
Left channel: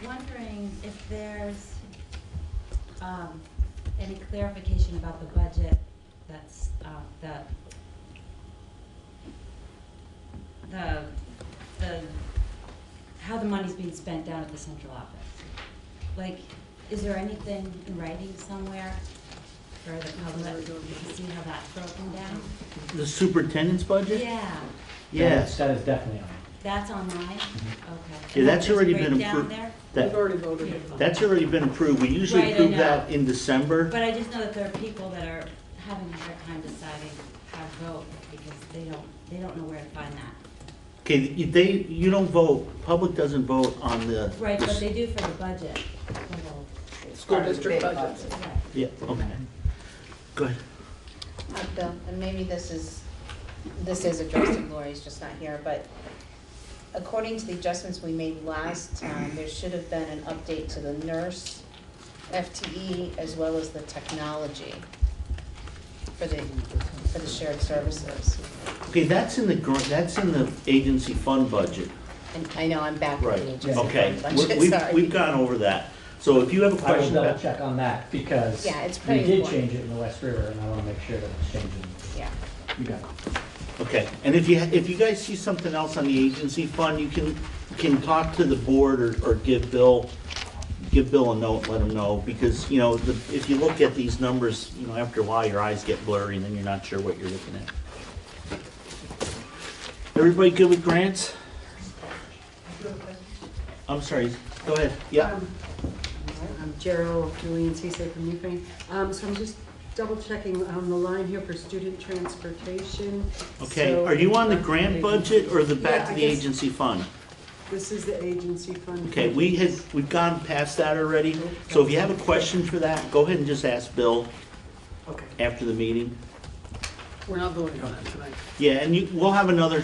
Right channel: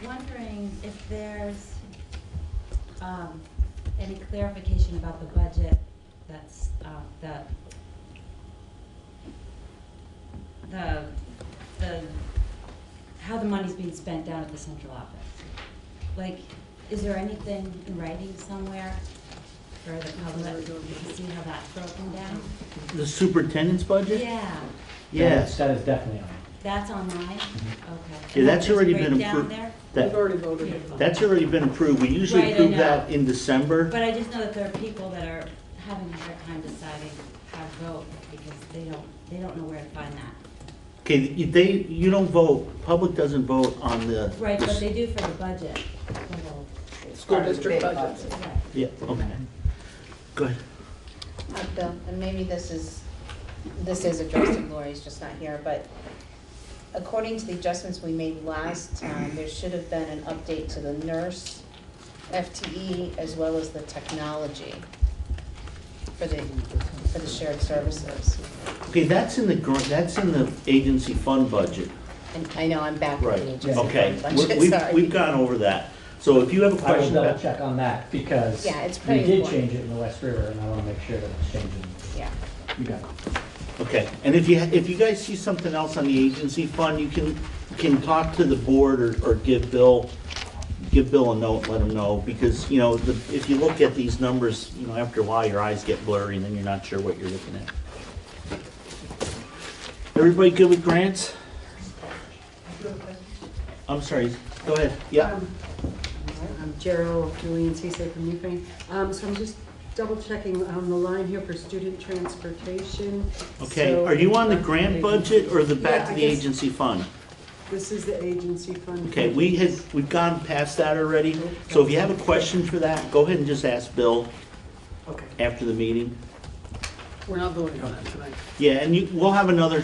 wondering if there's any clarification about the budget that's how the money's being spent down at the central office. Like, is there anything in writing somewhere for the public to see how that's broken down? The superintendent's budget? Yeah, Yes. That is definitely on. that's online? Okay. Yeah, that's There's a already been breakdown approved. there? We've already voted. That's already been approved. We usually Right, I approve know. that in December. But I just know that there are people that are having a hard time deciding how to vote because they don't know where to find that. Okay, you don't vote, public doesn't vote on the. Right, but they do for the budget. School district budgets. Yeah, okay. Go ahead. Bill, and maybe this is addressed to Lori, it's just not here, but according to the adjustments we made last time, there should have been an update to the nurse, FTE, as well as the technology for the shared services. Okay, that's in the agency fund budget. And I know I'm back Right, with the agency okay. fund budget, We've sorry. gone over that. So if you have a I will question double about. check on that because Yeah, it's we pretty did important. change it in the West River and I want to make sure that it's changing. Yeah. You got it. Okay, and if you guys see something else on the agency fund, you can talk to the board or give Bill a note, let him know, because, if you look at these numbers, after a while, your eyes get blurry and then you're not sure what you're looking at. Everybody good with grants? I'm sorry, go ahead, yeah. I'm Gerald Julian Cisse from Ukraine. So I'm just double checking on the line here for student transportation. Okay, So- are you on the grant budget or the back to Yeah, the I guess agency fund? This is the agency fund. Okay, we've gone past that already, so if you have a question for that, go ahead and just ask Bill after the meeting. We're not voting on it tonight. Yeah, and you'll have another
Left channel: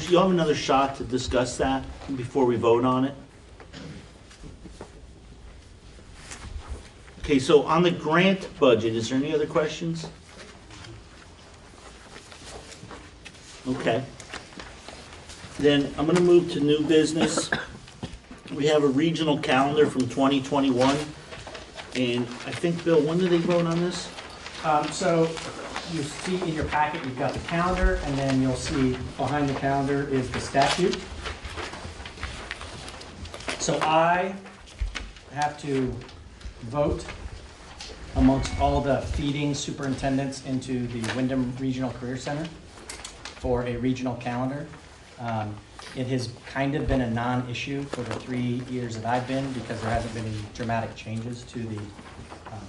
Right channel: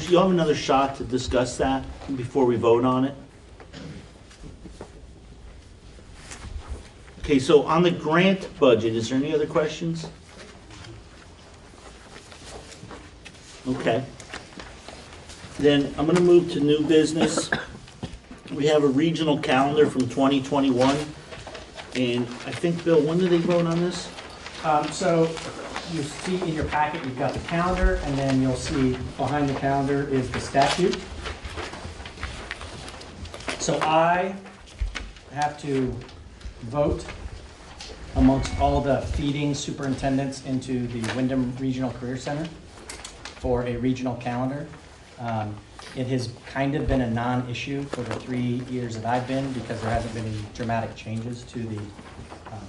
shot to discuss that before we vote on it. Okay, so on the grant budget, is there any other questions? Okay. Then I'm gonna move to new business. We have a regional calendar from 2021. And I think, Bill, when did they vote on this? So you see in your packet, you've got the calendar, and then you'll see behind the calendar is the statute. So I have to vote amongst all the feeding superintendents into the Wyndham Regional Career Center for a regional calendar. It has kind of been a non-issue for the 3 years that I've been because there hasn't been any dramatic changes to the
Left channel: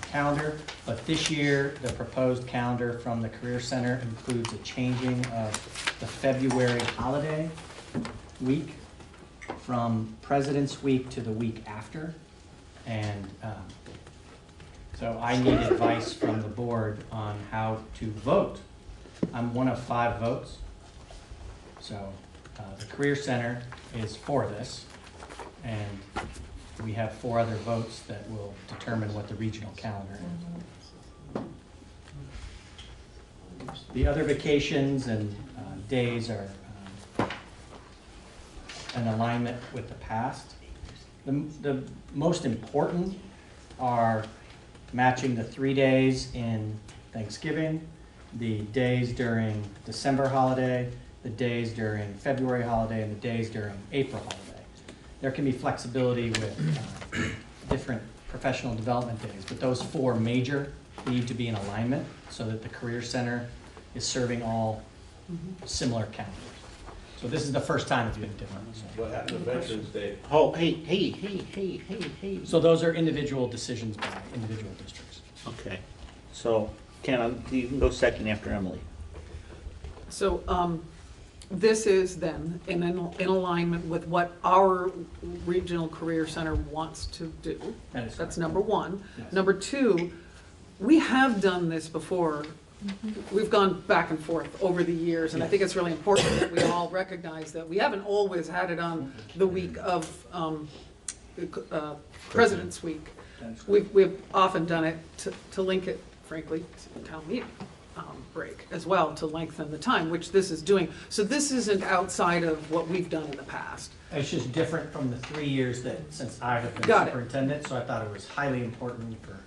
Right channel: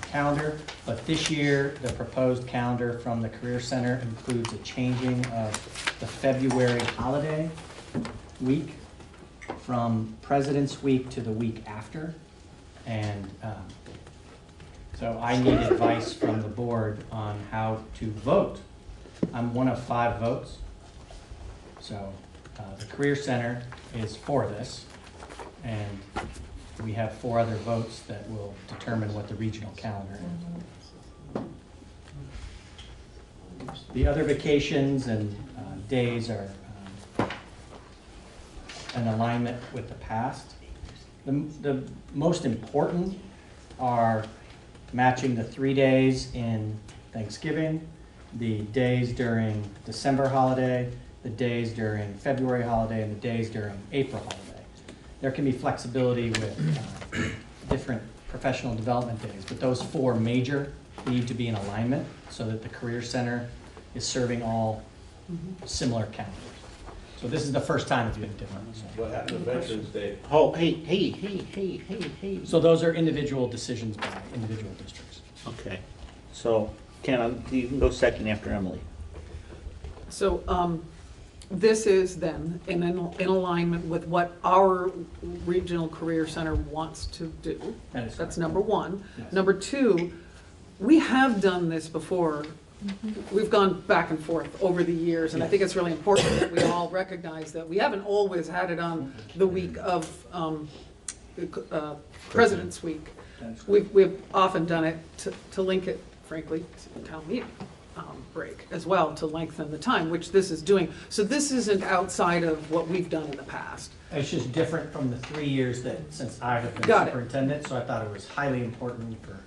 calendar. But this year, the proposed calendar from the Career Center includes a changing of the February holiday week from President's Week to the week after. And so I need advice from the board on how to vote. I'm one of 5 votes. So the Career Center is for this, and we have 4 other votes that will determine what the regional calendar is. The other vacations and days are an alignment with the past. The most important are matching the 3 days in Thanksgiving the days during December holiday, the days during February holiday, and the days during April holiday. There can be flexibility with different professional development days, but those four major need to be in alignment so that the Career Center is serving all similar calendars. So this is the first time it's been different. So. What happened to Veterans Day? Oh, hey. So those are individual decisions by individual districts. Okay, so Ken, you can go second after Emily. So, this is then in alignment with what our regional career center wants to do. That's number one. Yes. Number two, we have done this before. We've gone back and forth over the years, and I think it's really important that we all recognize that we haven't always had it on the week of President's Week. We've often done it to link it, frankly, to town meeting break as well, to lengthen the time, which this is doing. So this isn't outside of what we've done in the past. It's just different from the 3 years that since I have been Got it. superintendent, so I thought it was highly important for.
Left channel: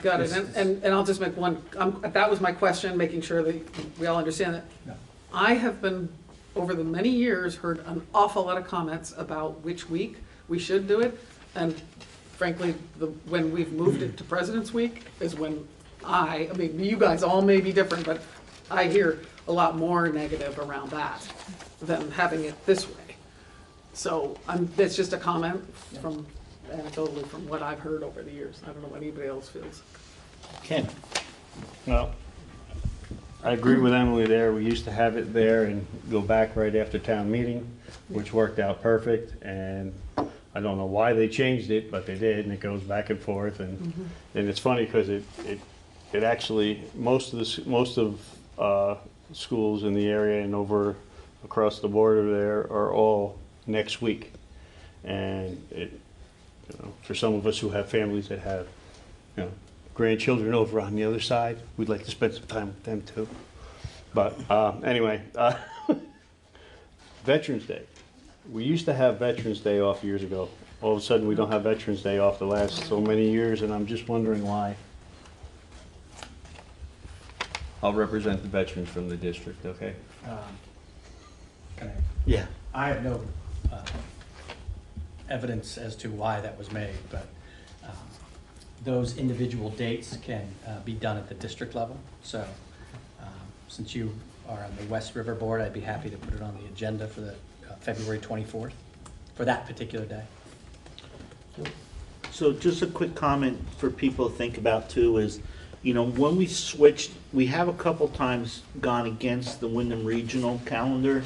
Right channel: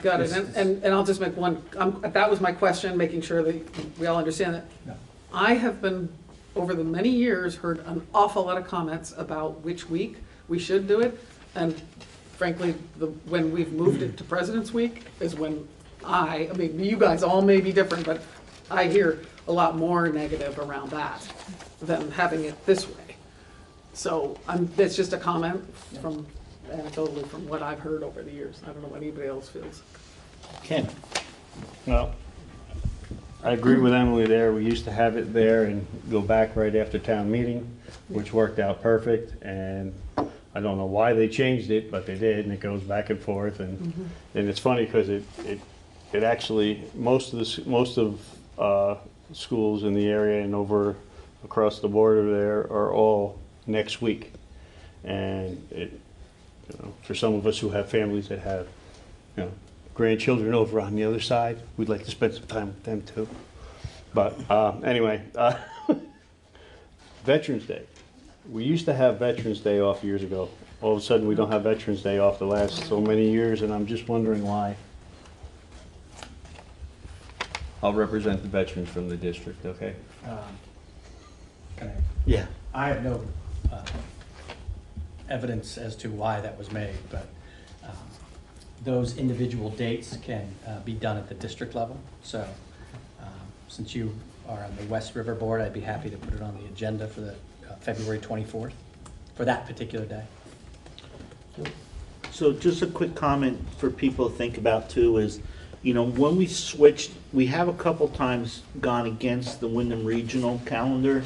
Got it, This- and I'll just make one, that was my question, making sure that we all understand that. No. I have been, over the many years, heard an awful lot of comments about which week we should do it, and frankly, when we've moved it to President's Week is when I mean, you guys all may be different, but I hear a lot more negative around that than having it this way. So, that's just a comment from, anecdotally, from what I've heard over the years. I don't know what anybody else feels. Ken? Well, I agree with Emily there. We used to have it there and go back right after town meeting, which worked out perfect. And I don't know why they changed it, but they did, and it goes back and forth. And it's funny because it actually, most of schools in the area and over across the border there are all next week. And for some of us who have families that have, grandchildren over on the other side, we'd like to spend some time with them too. But anyway, Veterans Day. We used to have Veterans Day off years ago. All of a sudden, we don't have Veterans Day off the last so many years, and I'm just wondering why. I'll represent the veterans from the district, okay? Can I? Yeah. I have no evidence as to why that was made, but those individual dates can be done at the district level. So since you are on the West River Board, I'd be happy to put it on the agenda for the February 24th for that particular day. So just a quick comment for people to think about too is, when we switched, we have a couple times gone against the Wyndham Regional calendar.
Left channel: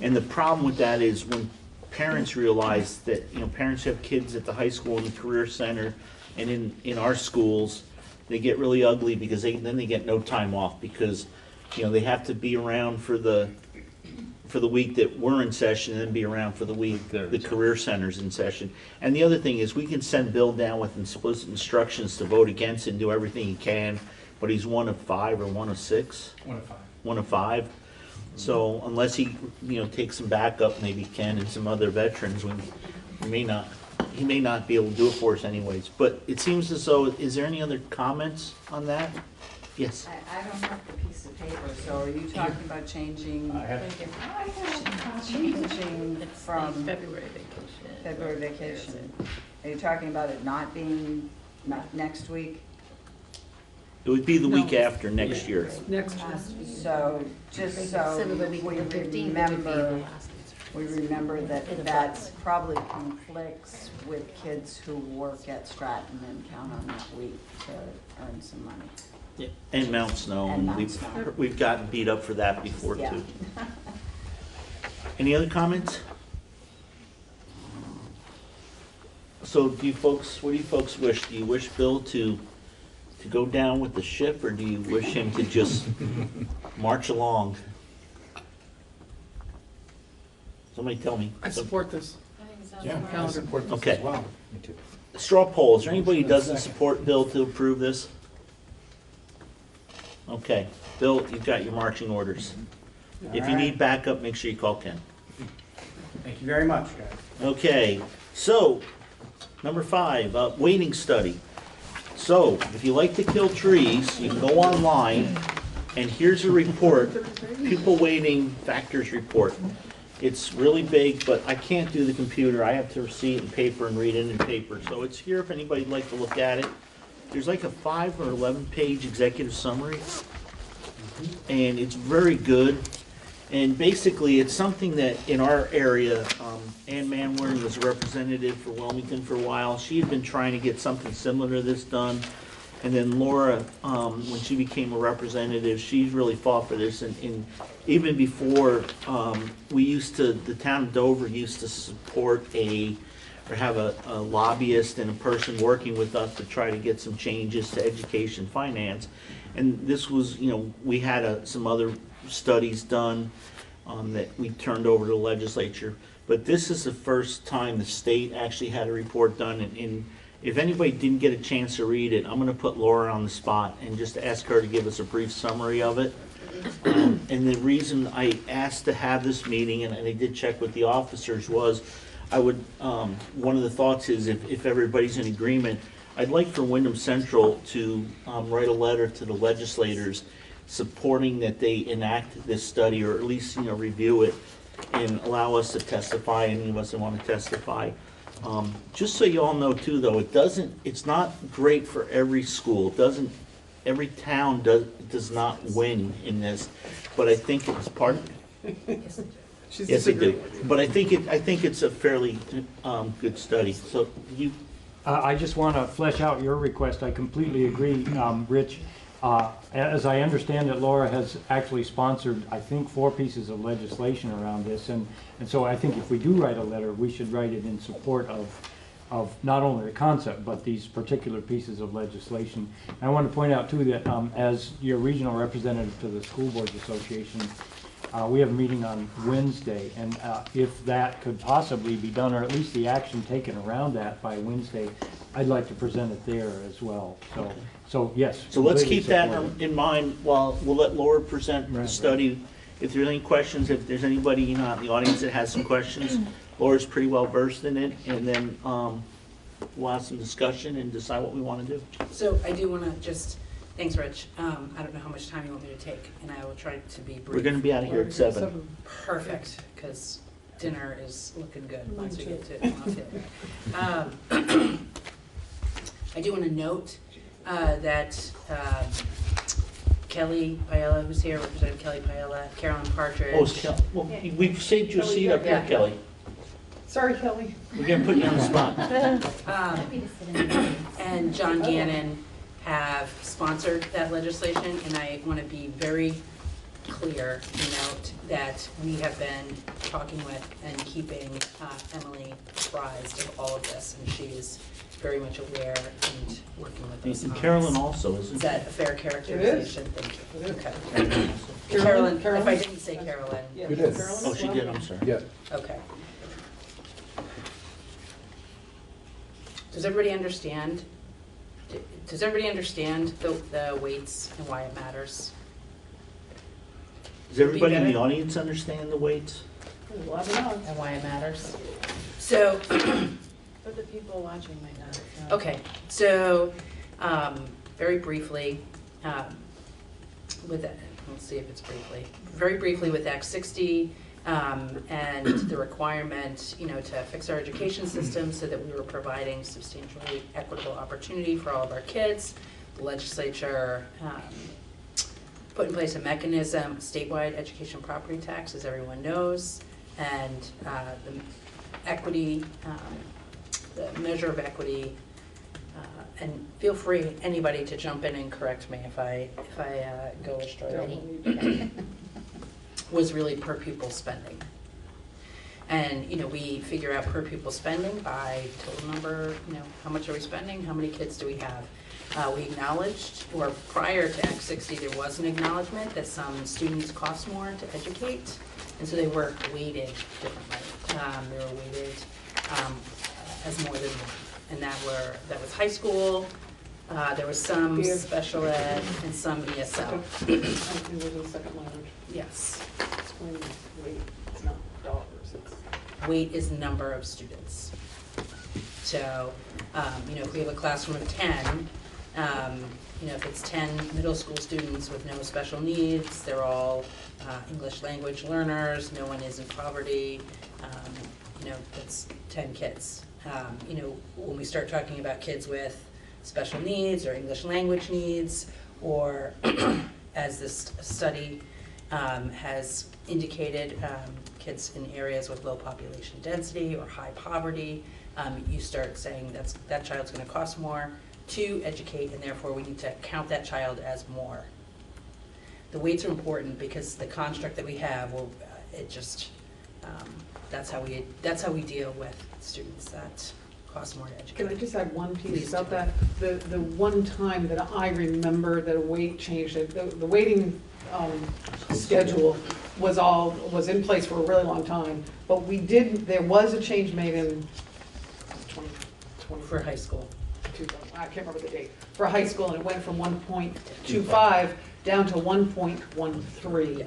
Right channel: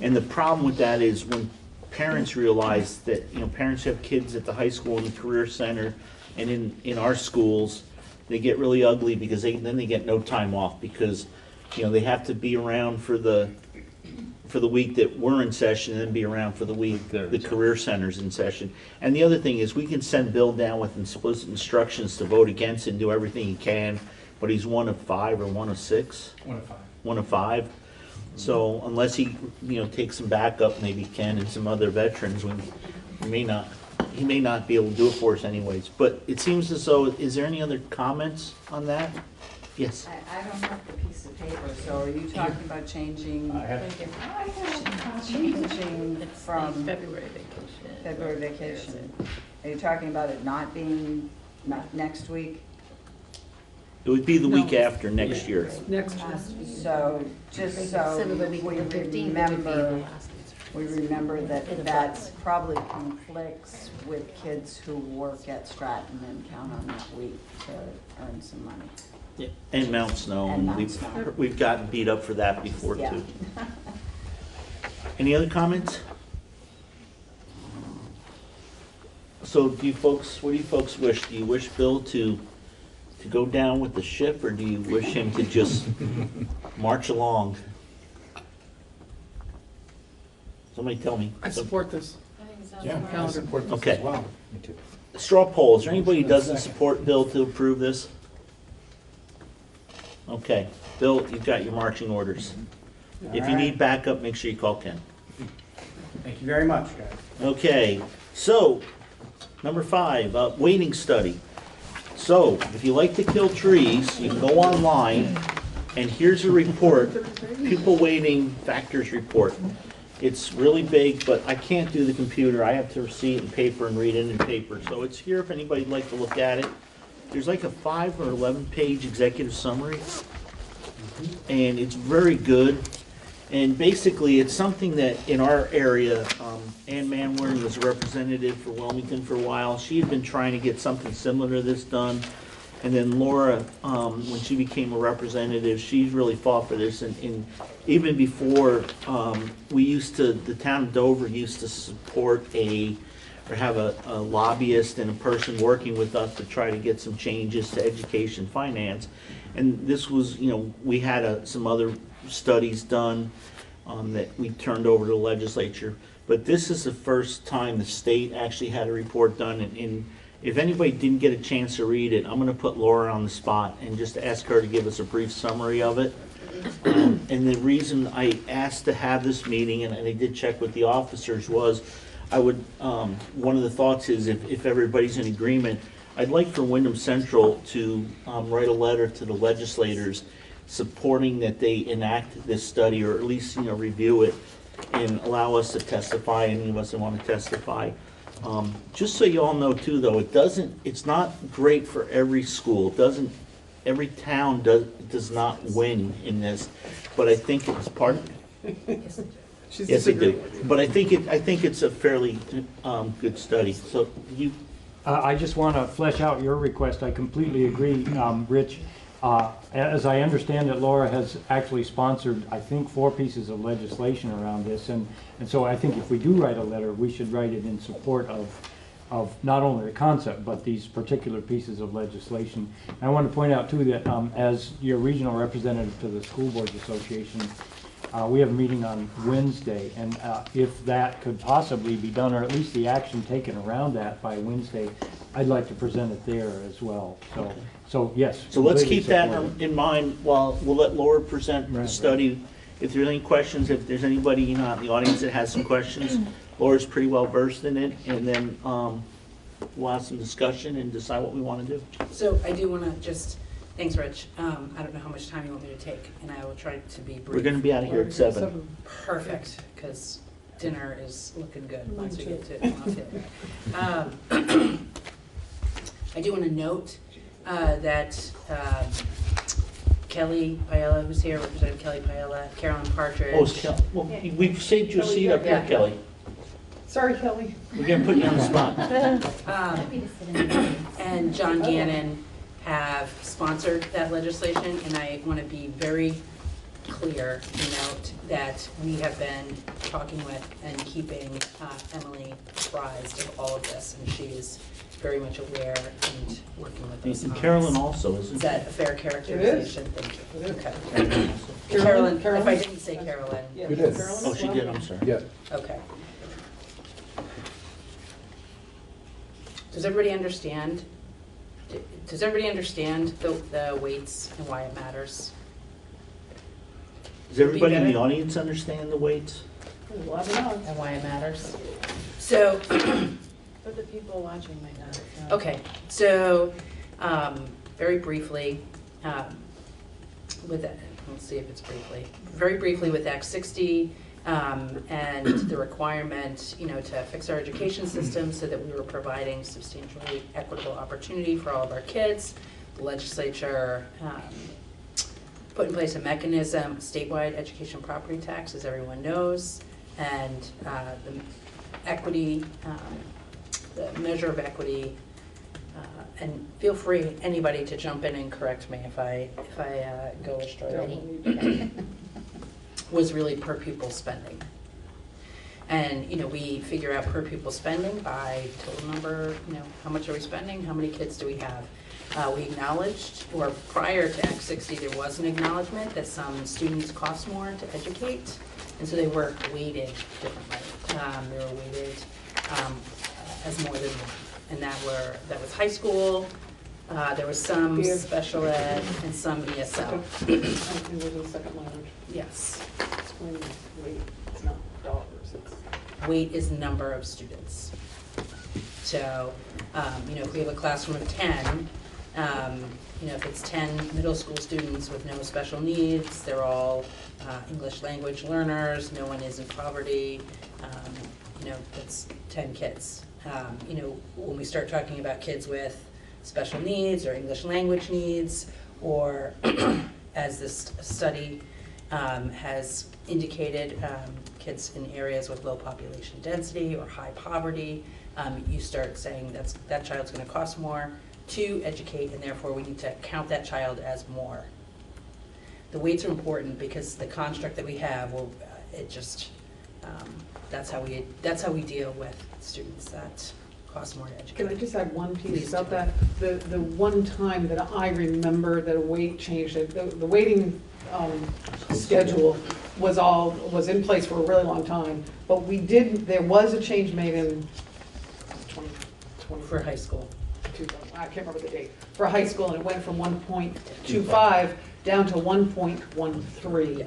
And the problem with that is when parents realize that, parents have kids at the high school and the career center and in our schools, they get really ugly because then they get no time off because, they have to be around for the week that we're in session and then be around for the week the career center's in session. And the other thing is we can send Bill down with explicit instructions to vote against and do everything he can, but he's one of 5 or one of 6? 1 of 5. 1 of 5. So unless he, takes some backup, maybe Ken and some other veterans, he may not be able to do it for us anyways. But it seems as though, is there any other comments on that? Yes. I don't have the piece of paper, so are you talking about changing? Changing from February vacation. February vacation. Are you talking about it not being, not next week? It would be the week after next year. Next So, just so we remember that that's probably conflicts with kids who work at Stratton and count on that week to earn some money. Yeah. And Mount Snow. And Mount we've, Snow. we've gotten beat up for that before Yeah. too. Any other comments? So what do you folks wish? Do you wish Bill to go down with the ship, or do you wish him to just march along? Somebody tell me. I support this. Yeah, I Calendar. support this Okay. as well. Straw poll, is there anybody who doesn't support Bill to approve this? Okay, Bill, you've got your marching orders. If you need backup, make sure you call Ken. Thank you very much, guys. Okay, so, number 5, wading study. So, if you like to kill trees, you can go online And here's a report, pupil weighting factors report. It's really big, but I can't do the computer. I have to see it in paper and read it in paper. So it's here if anybody'd like to look at it. There's like a 5 or 11-page executive summary, and it's very good. And basically, it's something that in our area, Ann Manwaring was a representative for Wilmington for a while. She had been trying to get something similar to this done. And then Laura, when she became a representative, she really fought for this. And even before, the town of Dover used to support or have a lobbyist and a person working with us to try to get some changes to education finance. And this was, we had some other studies done that we turned over to the legislature. But this is the first time the state actually had a report done. And if anybody didn't get a chance to read it, I'm going to put Laura on the spot and just ask her to give us a brief summary of it. And the reason I asked to have this meeting, and I did check with the officers, was one of the thoughts is if everybody's in agreement, I'd like for Wyndham Central to write a letter to the legislators supporting that they enact this study, or at least review it and allow us to testify, any of us that want to testify. Just so you all know too, though, it's not great for every school. Every town does not win in this, but I think it's part. Yes, they do. But I think it's a fairly good study. So you. I just want to flesh out your request. I completely agree, Rich. As I understand it, Laura has actually sponsored, I think, 4 pieces of legislation around this, and so I think if we do write a letter, we should write it in support of not only the concept, but these particular pieces of legislation. And I want to point out, too, that as your regional representative to the School Boards Association, we have a meeting on Wednesday, and if that could possibly be done, or at least the action taken around that by Wednesday, I'd like to present it there as well. So yes. So let's keep that in mind while we'll let Laura present the study. If there's any questions, if there's anybody in the audience that has some questions, Laura's pretty well versed in it, and then we'll have some discussion and decide what we want to do. So I do want to thanks, Rich. I don't know how much time you want me to take, and I will try to be brief. We're going to be out of here at 7. Perfect, because dinner is looking good once we get to it. I do want to note that Kelly Paella, who's here, Representative Kelly Paella, Carolyn Partridge. Well, we've saved your seat up here, Kelly. Sorry, Kelly. We're going to put you on the spot. And John Gannon have sponsored that legislation, and I want to be very clear to note that we have been talking with and keeping Emily apprised of all of this, and she is very much aware and working with us. And Carolyn also, isn't Is that a fair characterization? Thank you. Okay. Carolyn, if I didn't say Carolyn. Yeah, You did. Carolyn Oh, as she well? did, I'm sorry. Yeah. Okay. Does everybody understand? Does everybody understand the weights and why it matters? Does everybody in the audience understand the weights? And why it matters? So, But the people watching might not know. okay, so, very briefly, let's see if it's briefly. Very briefly with Act 60, and the requirement, to fix our education system so that we were providing substantially equitable opportunity for all of our kids. The legislature put in place a mechanism, statewide education property tax, as everyone knows, and the equity, the measure of equity, and feel free, anybody, to jump in and correct me if I go astray. Was really per pupil spending. And, we figure out per pupil spending by total number, how much are we spending, how many kids do we have? We acknowledged, or prior to Act 60, there was an acknowledgement that some students cost more to educate, and so they were weighted differently. They were weighted as more than one, and that was high school. There was some special ed and some ESL. And was the second language. Yes. Explain weight, it's not dollars, it's. Weight is number of students. So, if we have a classroom of 10, You know, if it's 10 middle school students with no special needs, they're all English language learners, no one is in poverty, you know, that's 10 kids. You know, when we start talking about kids with special needs or English language needs, or as this study has indicated, kids in areas with low population density or high poverty, you start saying that child's gonna cost more to educate, and therefore we need to count that child as more. The weights are important because the construct that we have, well, it just, that's how we deal with students that cost more to educate. Can I just add one Please piece about do. that? The one time that I remember that a weight change, the weighting schedule was in place for a really long time, but there was a change made in 2020. For high school. I can't remember the date, for high school, and it went from 1.25 down to 1.13. Yeah.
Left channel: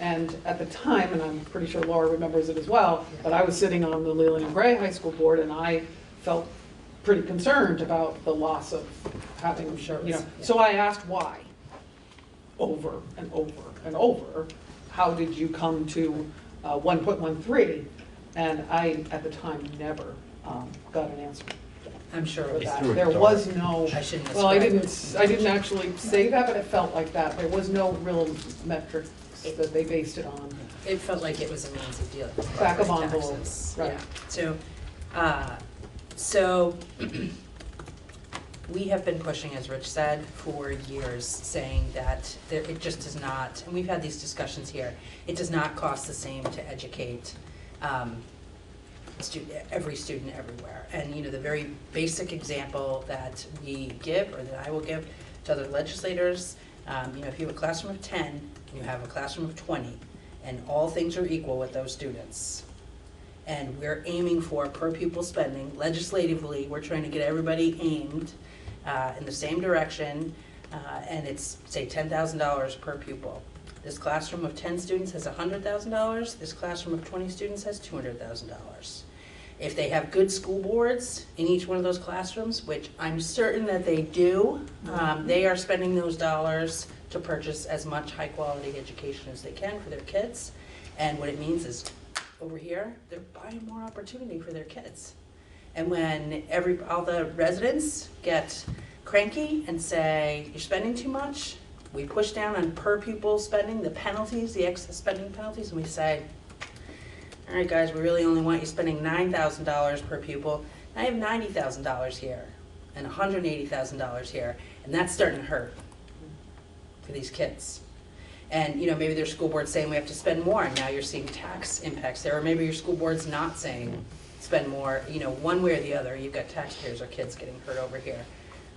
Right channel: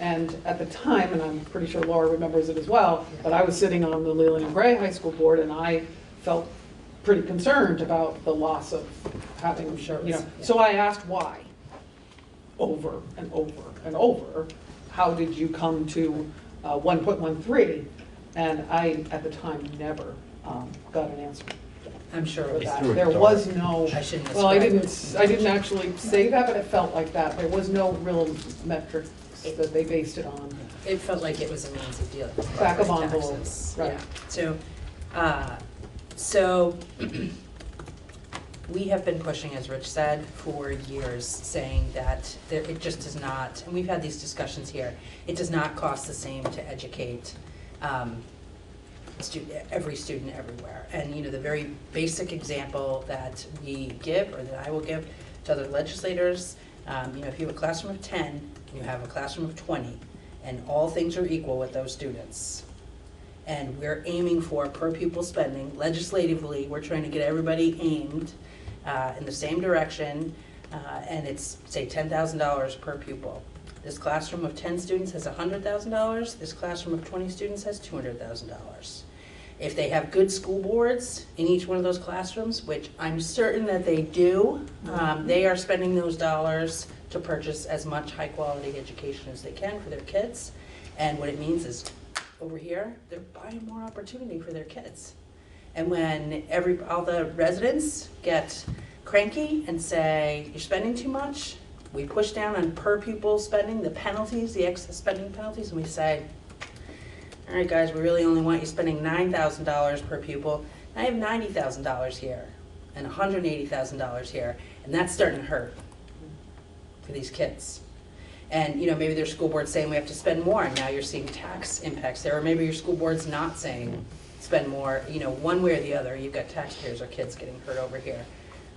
And at the time, and I'm pretty sure Laura remembers it as well, but I was sitting on the Leland and Gray High School board, and I felt pretty concerned about the loss of having, I'm sure it you know. was, yeah. So I asked why, over and over and over. How did you come to 1.13? And I, at the time, never got an answer. I'm sure For it was. that. threw it There dark. was no, I shouldn't have well, I described didn't actually say that, but it felt like that. There was no real metrics that they based it on. It felt like it was a means of dealing with Back of property envelope, taxes. right. Yeah. So we have been pushing, as Rich said, for years, saying that it just does not, and we've had these discussions here, it does not cost the same to educate every student everywhere. And you know, the very basic example that we give, or that I will give to other legislators, you know, if you have a classroom of 10, and you have a classroom of 20, and all things are equal with those students, and we're aiming for per pupil spending, legislatively, we're trying to get everybody aimed in the same direction, and it's, say, $10,000 per pupil. This classroom of 10 students has $100,000, this classroom of 20 students has $200,000. If they have good school boards in each one of those classrooms, which I'm certain that they do, they are spending those dollars to purchase as much high-quality education as they can for their kids. And what it means is, over here, they're buying more opportunity for their kids. And when all the residents get cranky and say, you're spending too much, we push down on per pupil spending, the penalties, the excess spending penalties, and we say, all right, guys, we really only want you spending $9,000 per pupil. I have $90,000 here and $180,000 here, and that's starting to hurt for these kids. And you know, maybe their school board's saying we have to spend more, and now you're seeing tax impacts there, or maybe your school board's not saying spend more, you know, one way or the other. You've got taxpayers or kids getting hurt over here.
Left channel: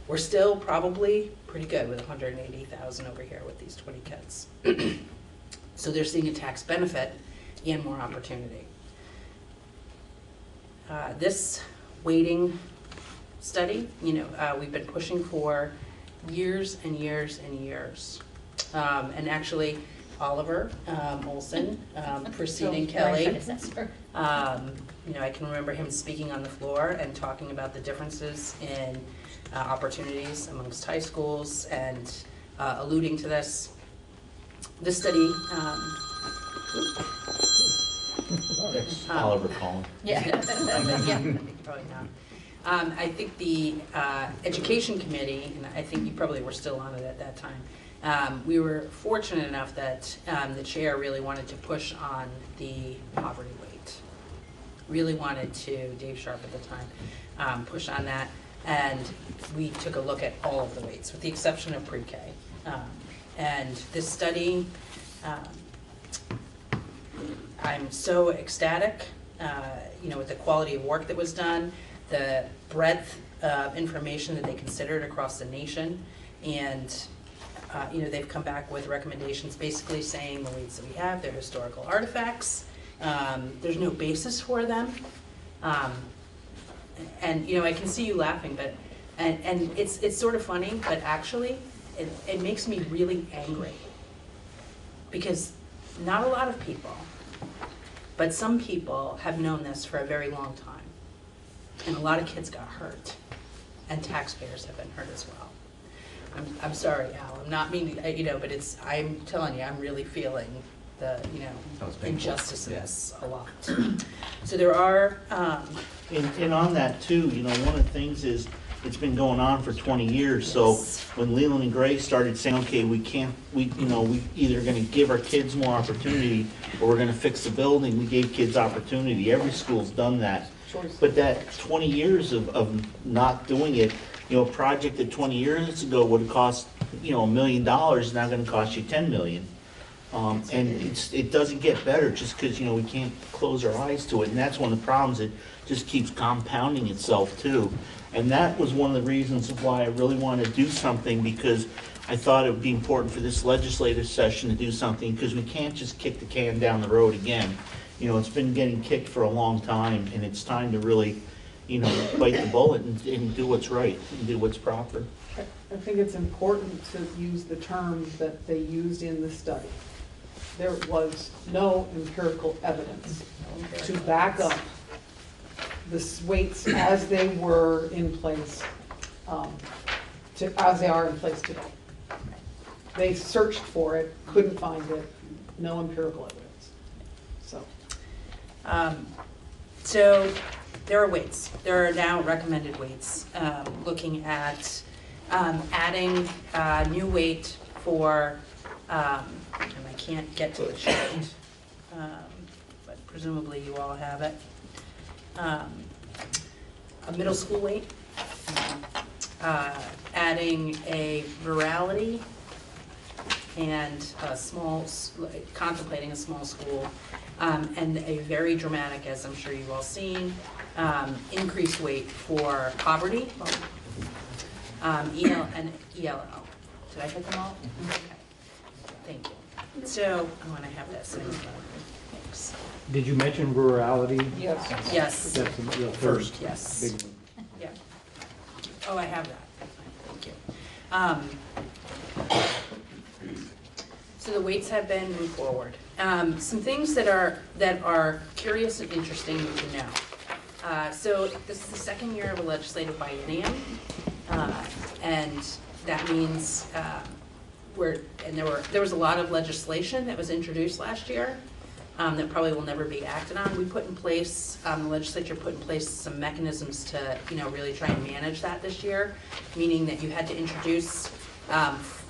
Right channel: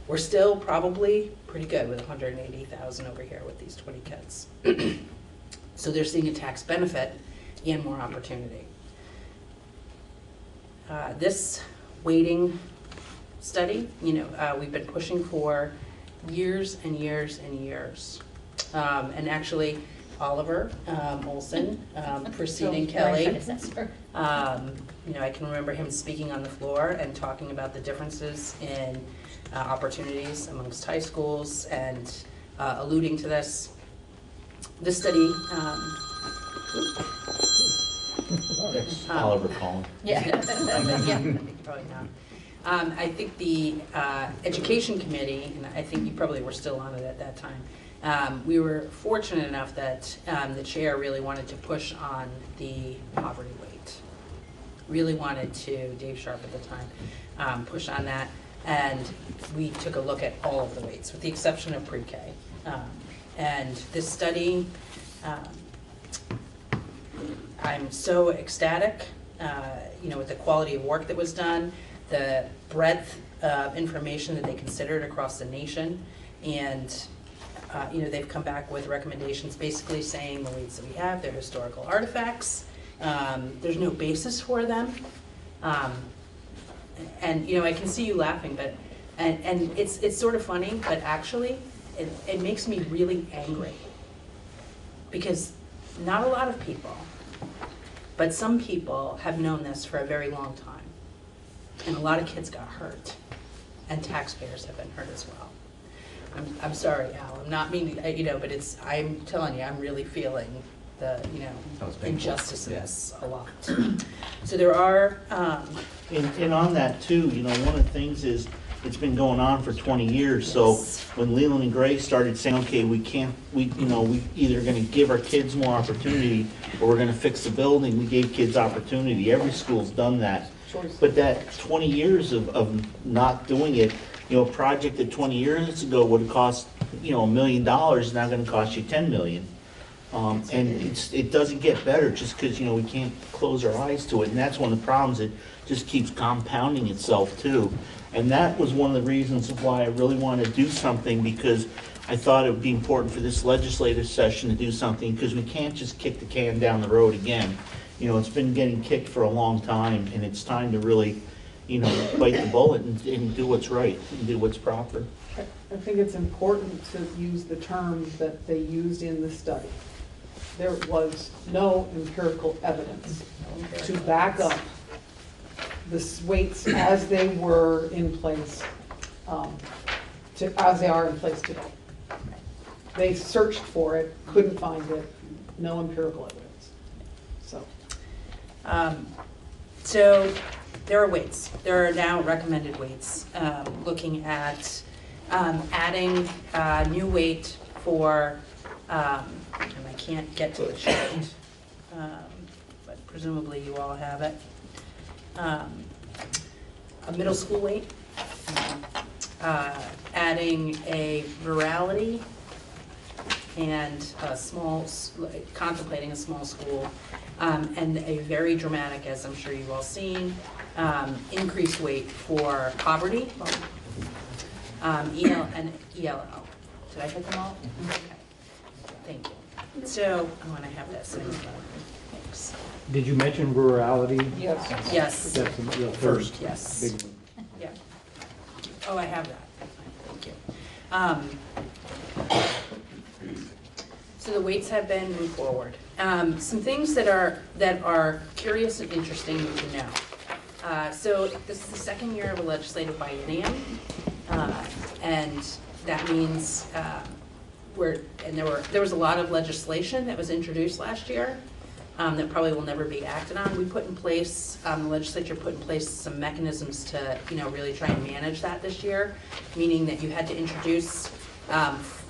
We're still probably pretty good with $180,000 over here with these 20 kids. So they're seeing a tax benefit and more opportunity. This weighting study, you know, we've been pushing for years and years and years. And actually, Oliver Olson, preceding Kelly, you know, I can remember him speaking on the floor and talking about the differences in opportunities amongst high schools and alluding to this. This study, Oliver Collin. yeah, yeah, probably not. I think the education committee, and I think you probably were still on it at that time, we were fortunate enough that the chair really wanted to push on the poverty weight. Really wanted to, Dave Sharp at the time, push on that. And we took a look at all of the weights, with the exception of pre-K. And this study, I'm so ecstatic, you know, with the quality of work that was done, the breadth of information that they considered across the nation, and you know, they've come back with recommendations basically saying the weights that we have, they're historical artifacts, there's no basis for them, and you know, I can see you laughing, but and it's sort of funny, but actually it makes me really angry, because not a lot of people, but some people have known this for a very long time, and a lot of kids got hurt, and taxpayers have been hurt as well. I'm sorry, Al, I'm not meaning, you know, but it's, I'm telling you, I'm really feeling the, you know, injustices a lot. So there are, And on that too, you know, one of the things is, it's been going on for 20 years, so when Leland and Gray started saying, okay, we either gonna give our kids more opportunity, or we're gonna fix the building, we gave kids opportunity, every school's done that. But that 20 years of not doing it, you know, a project that 20 years ago would have cost, you know, $1 million, is now gonna cost you 10 million. And it doesn't get better just because, you know, we can't close our eyes to it, and that's one of the problems. It just keeps compounding itself too. And that was one of the reasons why I really wanted to do something, because I thought it would be important for this legislative session to do something, because we can't just kick the can down the road again. You know, it's been getting kicked for a long time, and it's time to really, you know, bite the bullet and do what's right, and do what's proper. I think it's important to use the term that they used in the study. There was no empirical evidence to back up the weights as they were in place, as they are in place today. They searched for it, couldn't find it, no empirical evidence. So there are weights. There are now recommended weights, looking at adding a new weight for, and I can't get to the chart, but presumably you all have it. A middle school weight, adding a rurality, and contemplating a small school, and a very dramatic, as I'm sure you've all seen, increased weight for poverty, EL and ELL. Did I hit them all? Okay, thank you. So, I want to have that same. Thanks. Did you mention rurality? Yes. Yes. That's the first. Yes. Big one. Yeah. Oh, I have that. Thank you. So the weights have been moved forward. Some things that are curious and interesting to know. So this is the second year of a legislative biennium, and that means there was a lot of legislation that was introduced last year. That probably will never be acted on. We put in place, the legislature put in place some mechanisms to, you know, really try and manage that this year, meaning that you had to introduce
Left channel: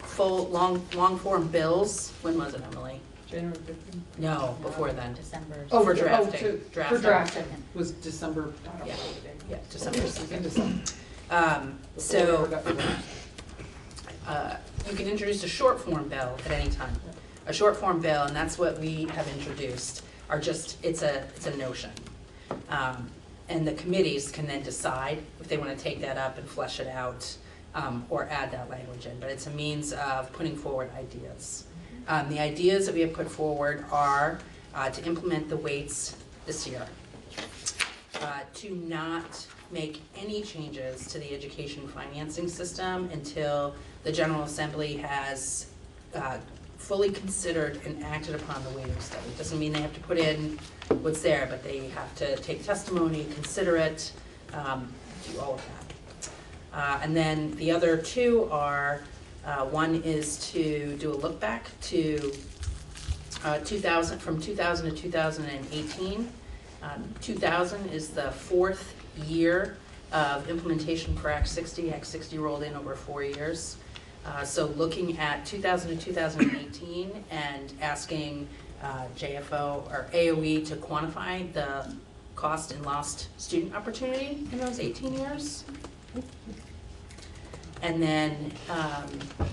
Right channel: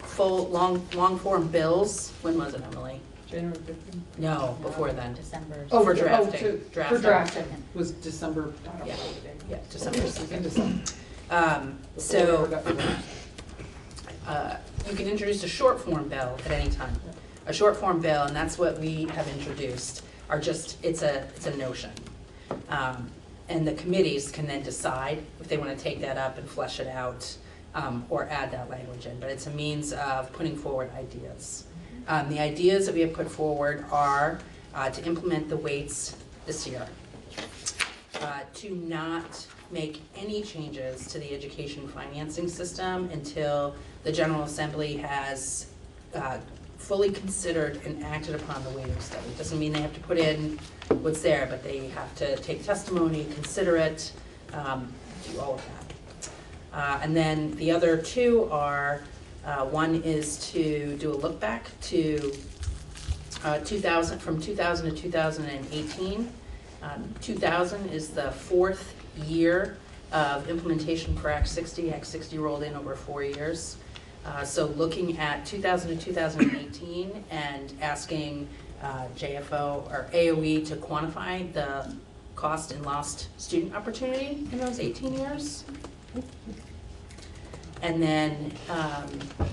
full, long form bills. When was it, Emily? January 15th? No, before then. December. Oh, for drafting. For drafting was December. Yeah, December. In December. So you can introduce a short form bill at any time. A short form bill, and that's what we have introduced, are just, it's a notion. And the committees can then decide if they want to take that up and flesh it out, or add that language in, but it's a means of putting forward ideas. The ideas that we have put forward are to implement the weights this year, to not make any changes to the education financing system until the General Assembly has fully considered and acted upon the weighting study. Doesn't mean they have to put in what's there, but they have to take testimony, consider it, do all of that. And then the other two are, one is to do a look back to 2000 to 2018. 2000 is the fourth year of implementation for Act 60. Act 60 rolled in over 4 years. So looking at 2000 to 2018 and asking JFO or AOE to quantify the cost and lost student opportunity in those 18 years. And then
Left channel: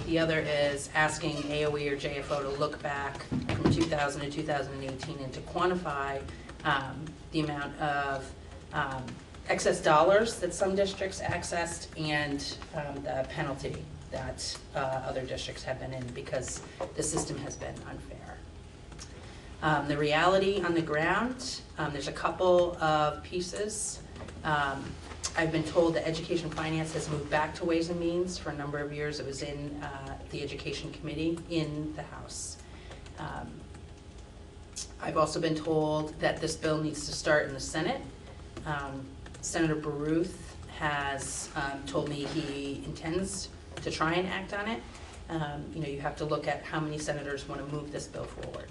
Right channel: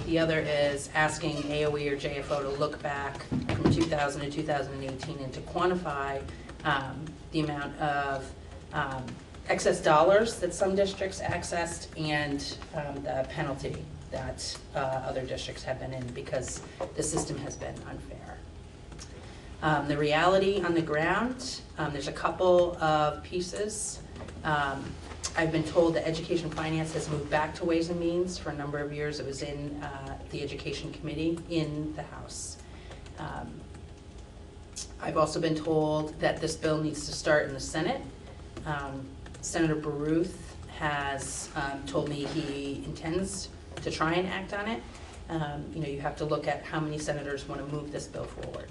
the other is asking AOE or JFO to look back from 2000 to 2018 and to quantify the amount of excess dollars that some districts accessed and the penalty that other districts have been in because the system has been unfair. The reality on the ground, there's a couple of pieces. I've been told that education finance has moved back to Ways and Means. For a number of years it was in the Education Committee in the House. I've also been told that this bill needs to start in the Senate. Senator Baruth has told me he intends to try and act on it, you know, you have to look at how many senators want to move this bill forward.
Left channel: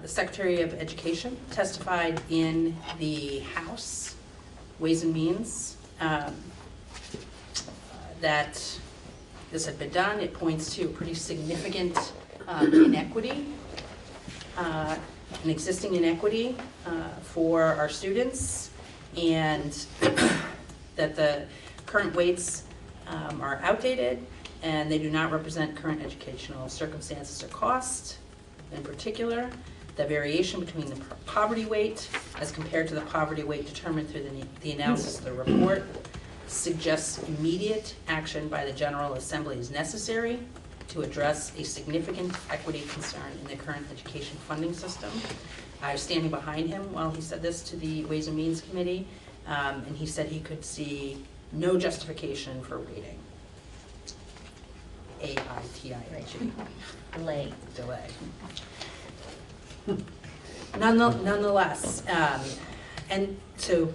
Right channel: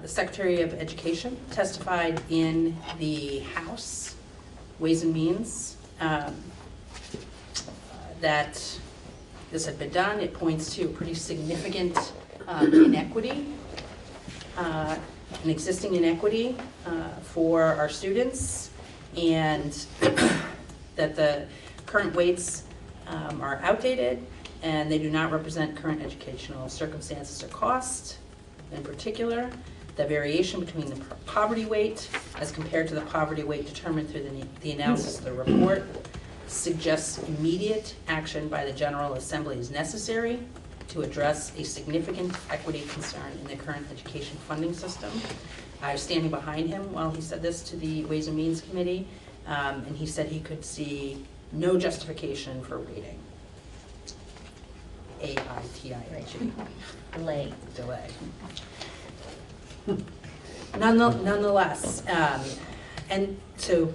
The Secretary of Education testified in the House Ways and Means that this had been done. It points to a pretty significant inequity, an existing inequity for our students, and that the current weights are outdated and they do not represent current educational circumstances or cost. In particular, the variation between the poverty weight as compared to the poverty weight determined through the analysis of the report suggests immediate action by the General Assembly is necessary to address a significant equity concern in the current education funding system. I was standing behind him while he said this to the Ways and Means Committee, and he said he could see no justification for waiting. A-I-T-I-N-G. Delay. Delay. Nonetheless, and so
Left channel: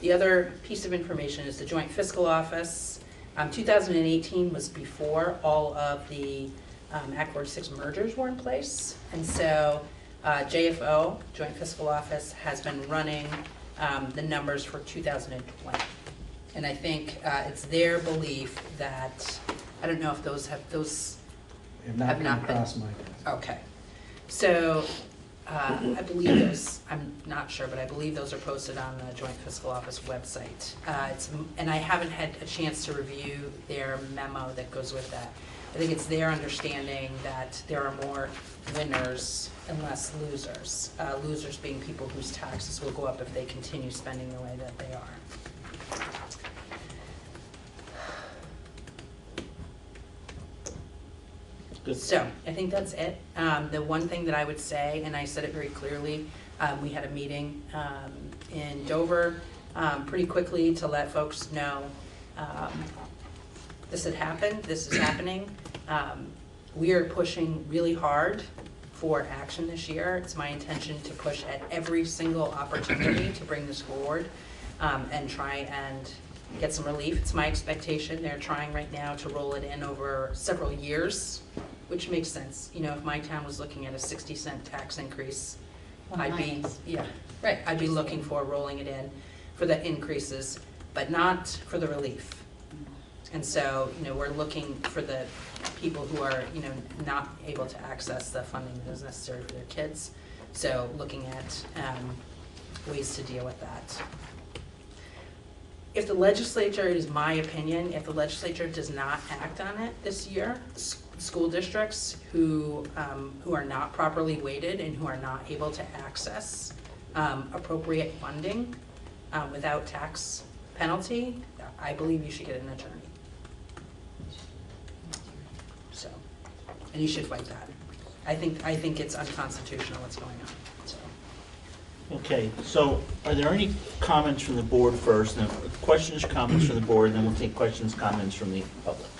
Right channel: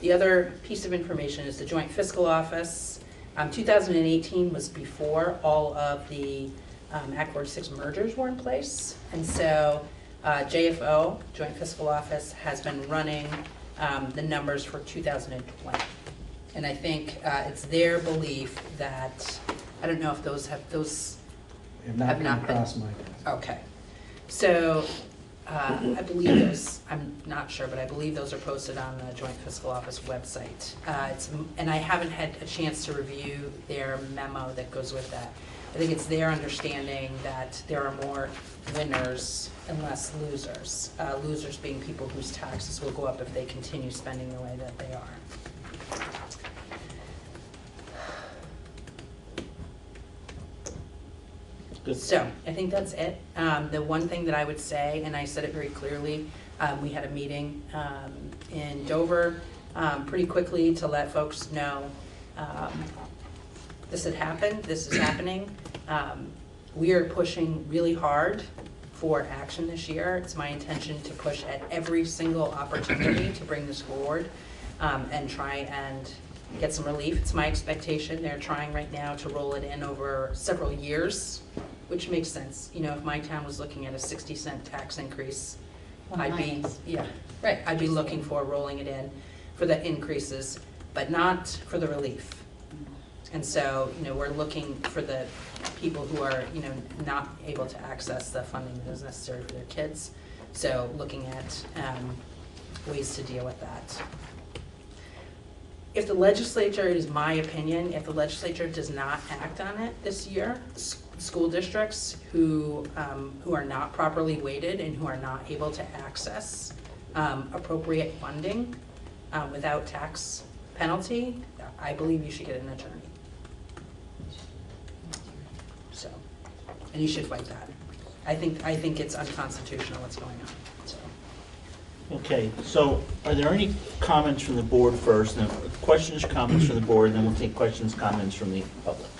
the other piece of information is the Joint Fiscal Office. 2018 was before all of the Act 46 mergers were in place. And so JFO, Joint Fiscal Office, has been running the numbers for 2020. And I think it's their belief that, I don't know if those have Have not been. crossed my desk. Okay. So I believe those, I'm not sure, but I believe those are posted on the Joint Fiscal Office website. And I haven't had a chance to review their memo that goes with that. I think it's their understanding that there are more winners and less losers. Losers being people whose taxes will go up if they continue spending the way that they are. So I think that's it. The one thing that I would say, and I said it very clearly, we had a meeting in Dover pretty quickly to let folks know this had happened, this is happening. We are pushing really hard for action this year. It's my intention to push at every single opportunity to bring this forward and try and get some relief. It's my expectation. They're trying right now to roll it in over several years, which makes sense. You know, if my town was looking at a 60-cent tax increase, I'd be looking for rolling it in for the increases, but not for the relief. And so, you know, we're looking for the people who are, you know, not able to access the funding that is necessary for their kids. So looking at ways to deal with that. If the legislature, it is my opinion, if the legislature does not act on it this year, school districts who are not properly weighted and who are not able to access appropriate funding without tax penalty, I believe you should get an attorney. So, and you should fight that. I think it's unconstitutional what's going on. So. Okay, so are there any comments from the board first? Now, questions, comments from the board, then we'll take questions, comments from the public.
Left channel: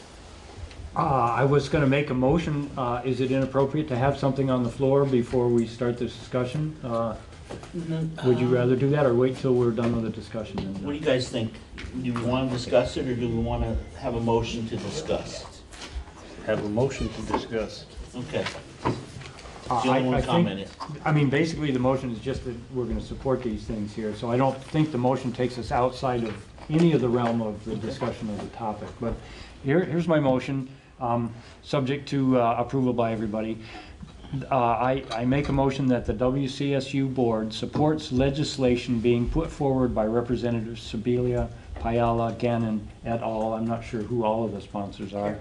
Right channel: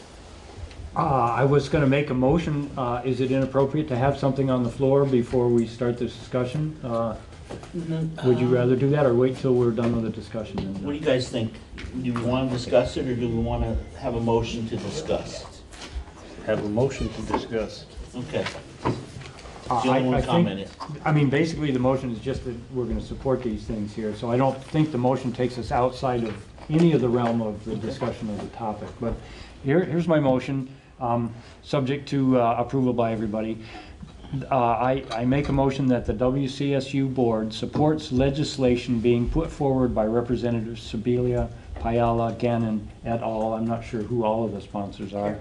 I was going to make a motion. Is it inappropriate to have something on the floor before we start this discussion? Would you rather do that or wait till we're done with the discussion? What do you guys think? Do we want to discuss it or do we want to have a motion to discuss? Have a motion to discuss. Okay. I mean, basically the motion is just that we're going to support these things here. So I don't think the motion takes us outside of any of the realm of the discussion of the topic. But here's my motion, subject to approval by everybody. I make a motion that the WCSU board supports legislation being put forward by Representatives Sibilia, Payala, Gannon, et al. I'm not sure who all of the sponsors are.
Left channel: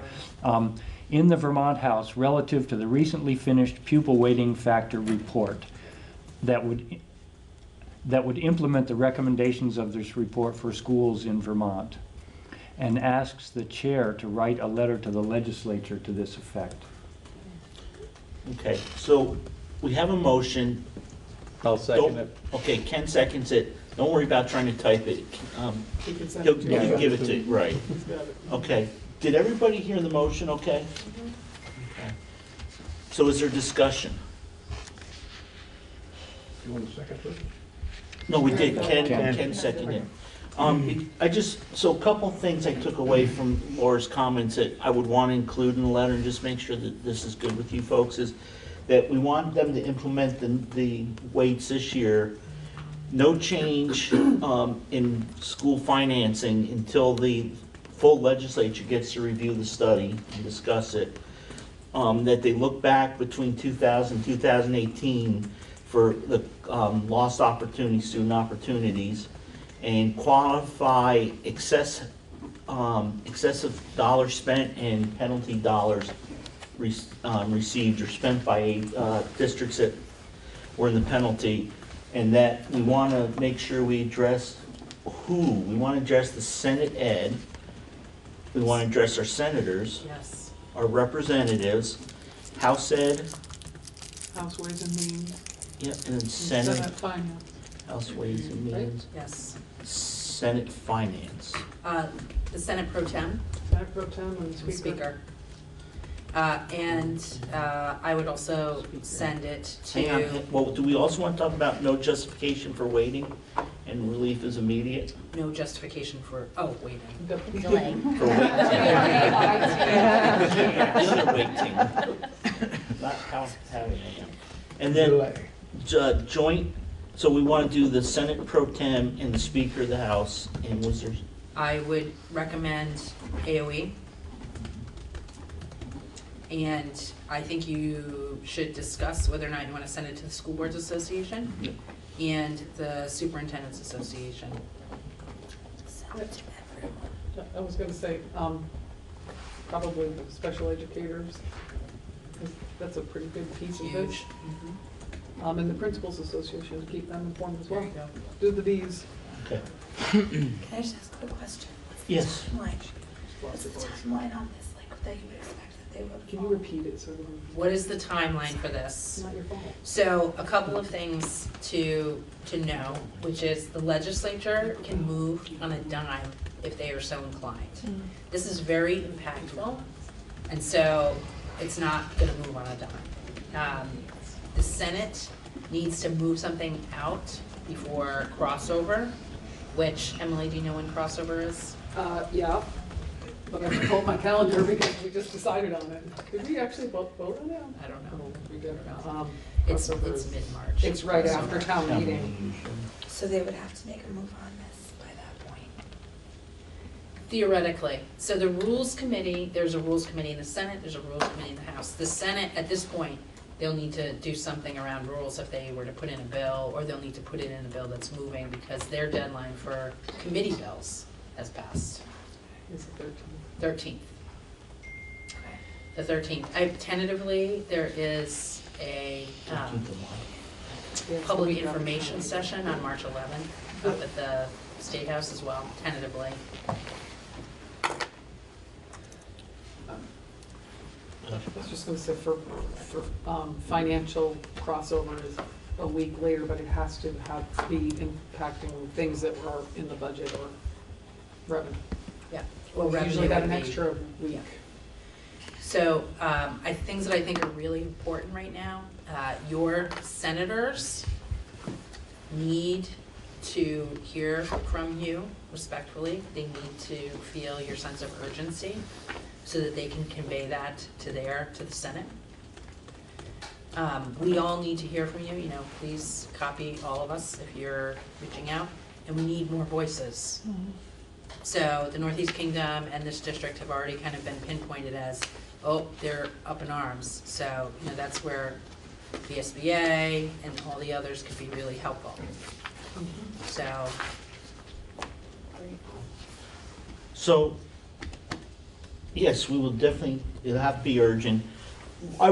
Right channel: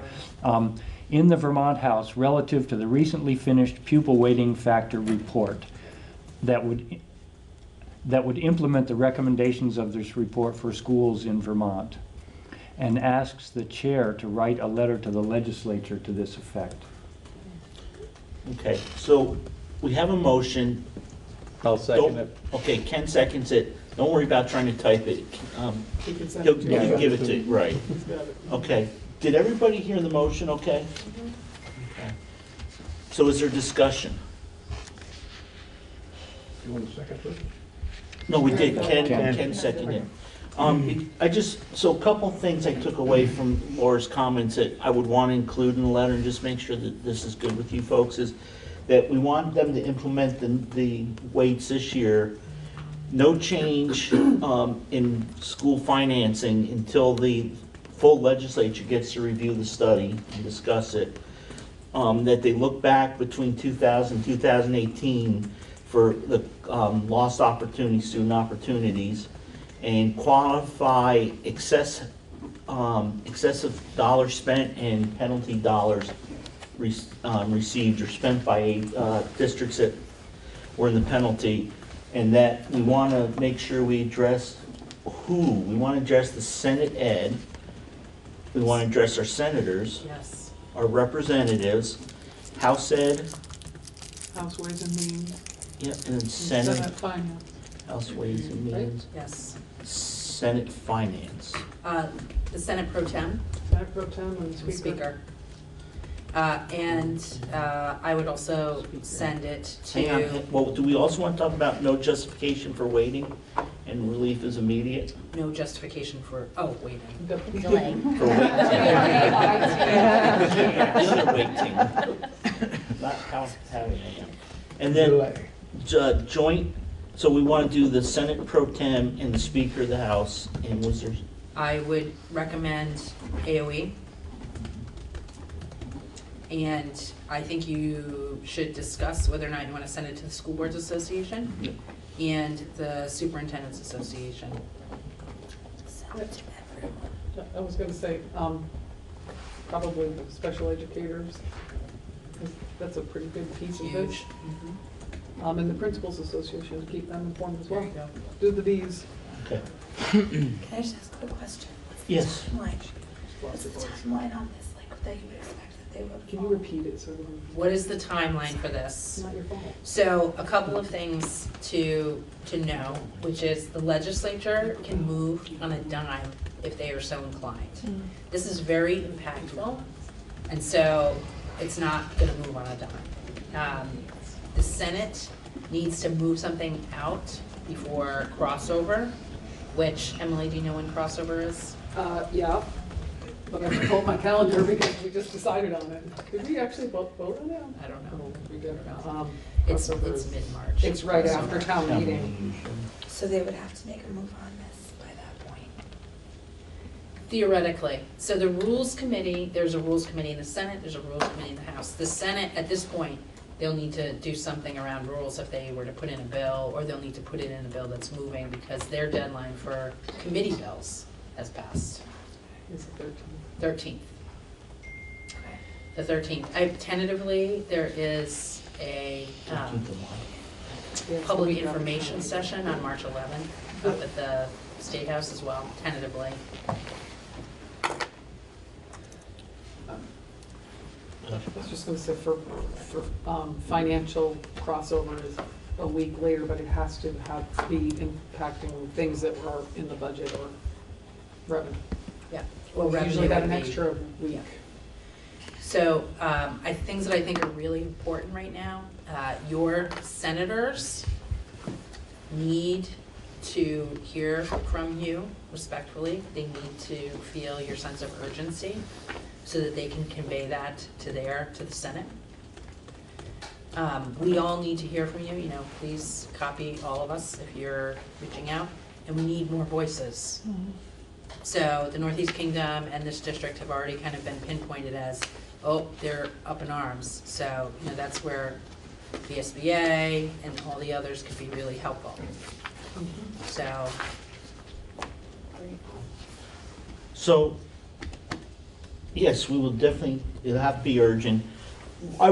In the Vermont House relative to the recently finished pupil weighting factor report that would implement the recommendations of this report for schools in Vermont, and asks the chair to write a letter to the legislature to this effect. Okay, so we have a motion. I'll second it. Okay, Ken seconds it. Don't worry about trying to type it. He'll give it to you, right. Okay, did everybody hear the motion okay? Okay. So is there discussion? You want a second first? No, we did. Ken seconded. So a couple things I took away from Laura's comments that I would want to include in the letter and just make sure that this is good with you folks is that we want them to implement the weights this year. No change in school financing until the full legislature gets to review the study and discuss it. That they look back between 2000 and 2018 for the lost opportunities, student opportunities, and quantify excessive dollars spent and penalty dollars received or spent by districts that were in the penalty, and that we want to make sure we address we want to address the Senate Ed, we want to address our senators, Yes. our representatives, House Ed, House Ways and Means. yeah, and then Senate, Finance. House Ways and Means, Yes. Senate Finance. The Senate Pro Tem. Senate Pro Tem and and Speaker. Speaker. I would also send it Hang on, to well, do we also want to talk about no justification for waiting and relief is immediate? no justification for, waiting. Delay. For waiting. The other waiting. Not having it. And then joint, so we want to do the Senate Pro Tem and the Speaker of the House, and was there? I would recommend AOE. And I think you should discuss whether or not you want to send it to the School Boards Association and the Superintendent's Association. I was gonna say, probably the special educators, 'cause that's a pretty big piece of this. Huge. And the Principals Association, to keep them informed as well. There you go. Do the Ds. Okay. Can I just ask a quick question? Yes. What's the timeline on this, like, that you would expect that they would? Can you repeat it so? What is the timeline for this? Not your fault. So a couple of things to know, which is the legislature can move on a dime if they are so inclined. This is very impactful, and so it's not gonna move on a dime. The Senate needs to move something out before crossover, which, Emily, do you know when crossover is? Yeah, but I have to pull my calendar because we just decided on it. Did we actually both vote on it? I don't know. We did. It's crossover is- mid-March. It's right after town meeting. So they would have to make a move on this by that point. Theoretically. So the Rules Committee, there's a Rules Committee in the Senate, there's a Rules Committee in the House. The Senate, at this point, they'll need to do something around rules if they were to put in a bill, or they'll need to put it in a bill that's moving because their deadline for committee bills has passed. It's the 13th. The 13th. Tentatively, there is a public information session on March 11th up at the State House as well, tentatively. I was just gonna say for financial crossover is a week later, but it has to be impacting things that were in the budget or revenue. Yeah. Well, Revenue usually got an would be- extra week. So, things that I think are really important right now, your senators need to hear from you respectfully. They need to feel your sense of urgency so that they can convey that to the Senate. We all need to hear from you, please copy all of us if you're reaching out, and we need more voices. So the Northeast Kingdom and this district have already kind of been pinpointed as, they're up in arms. So, that's where the SBA and all the others could be really helpful. So, yes, we will definitely, it'll have to be urgent. I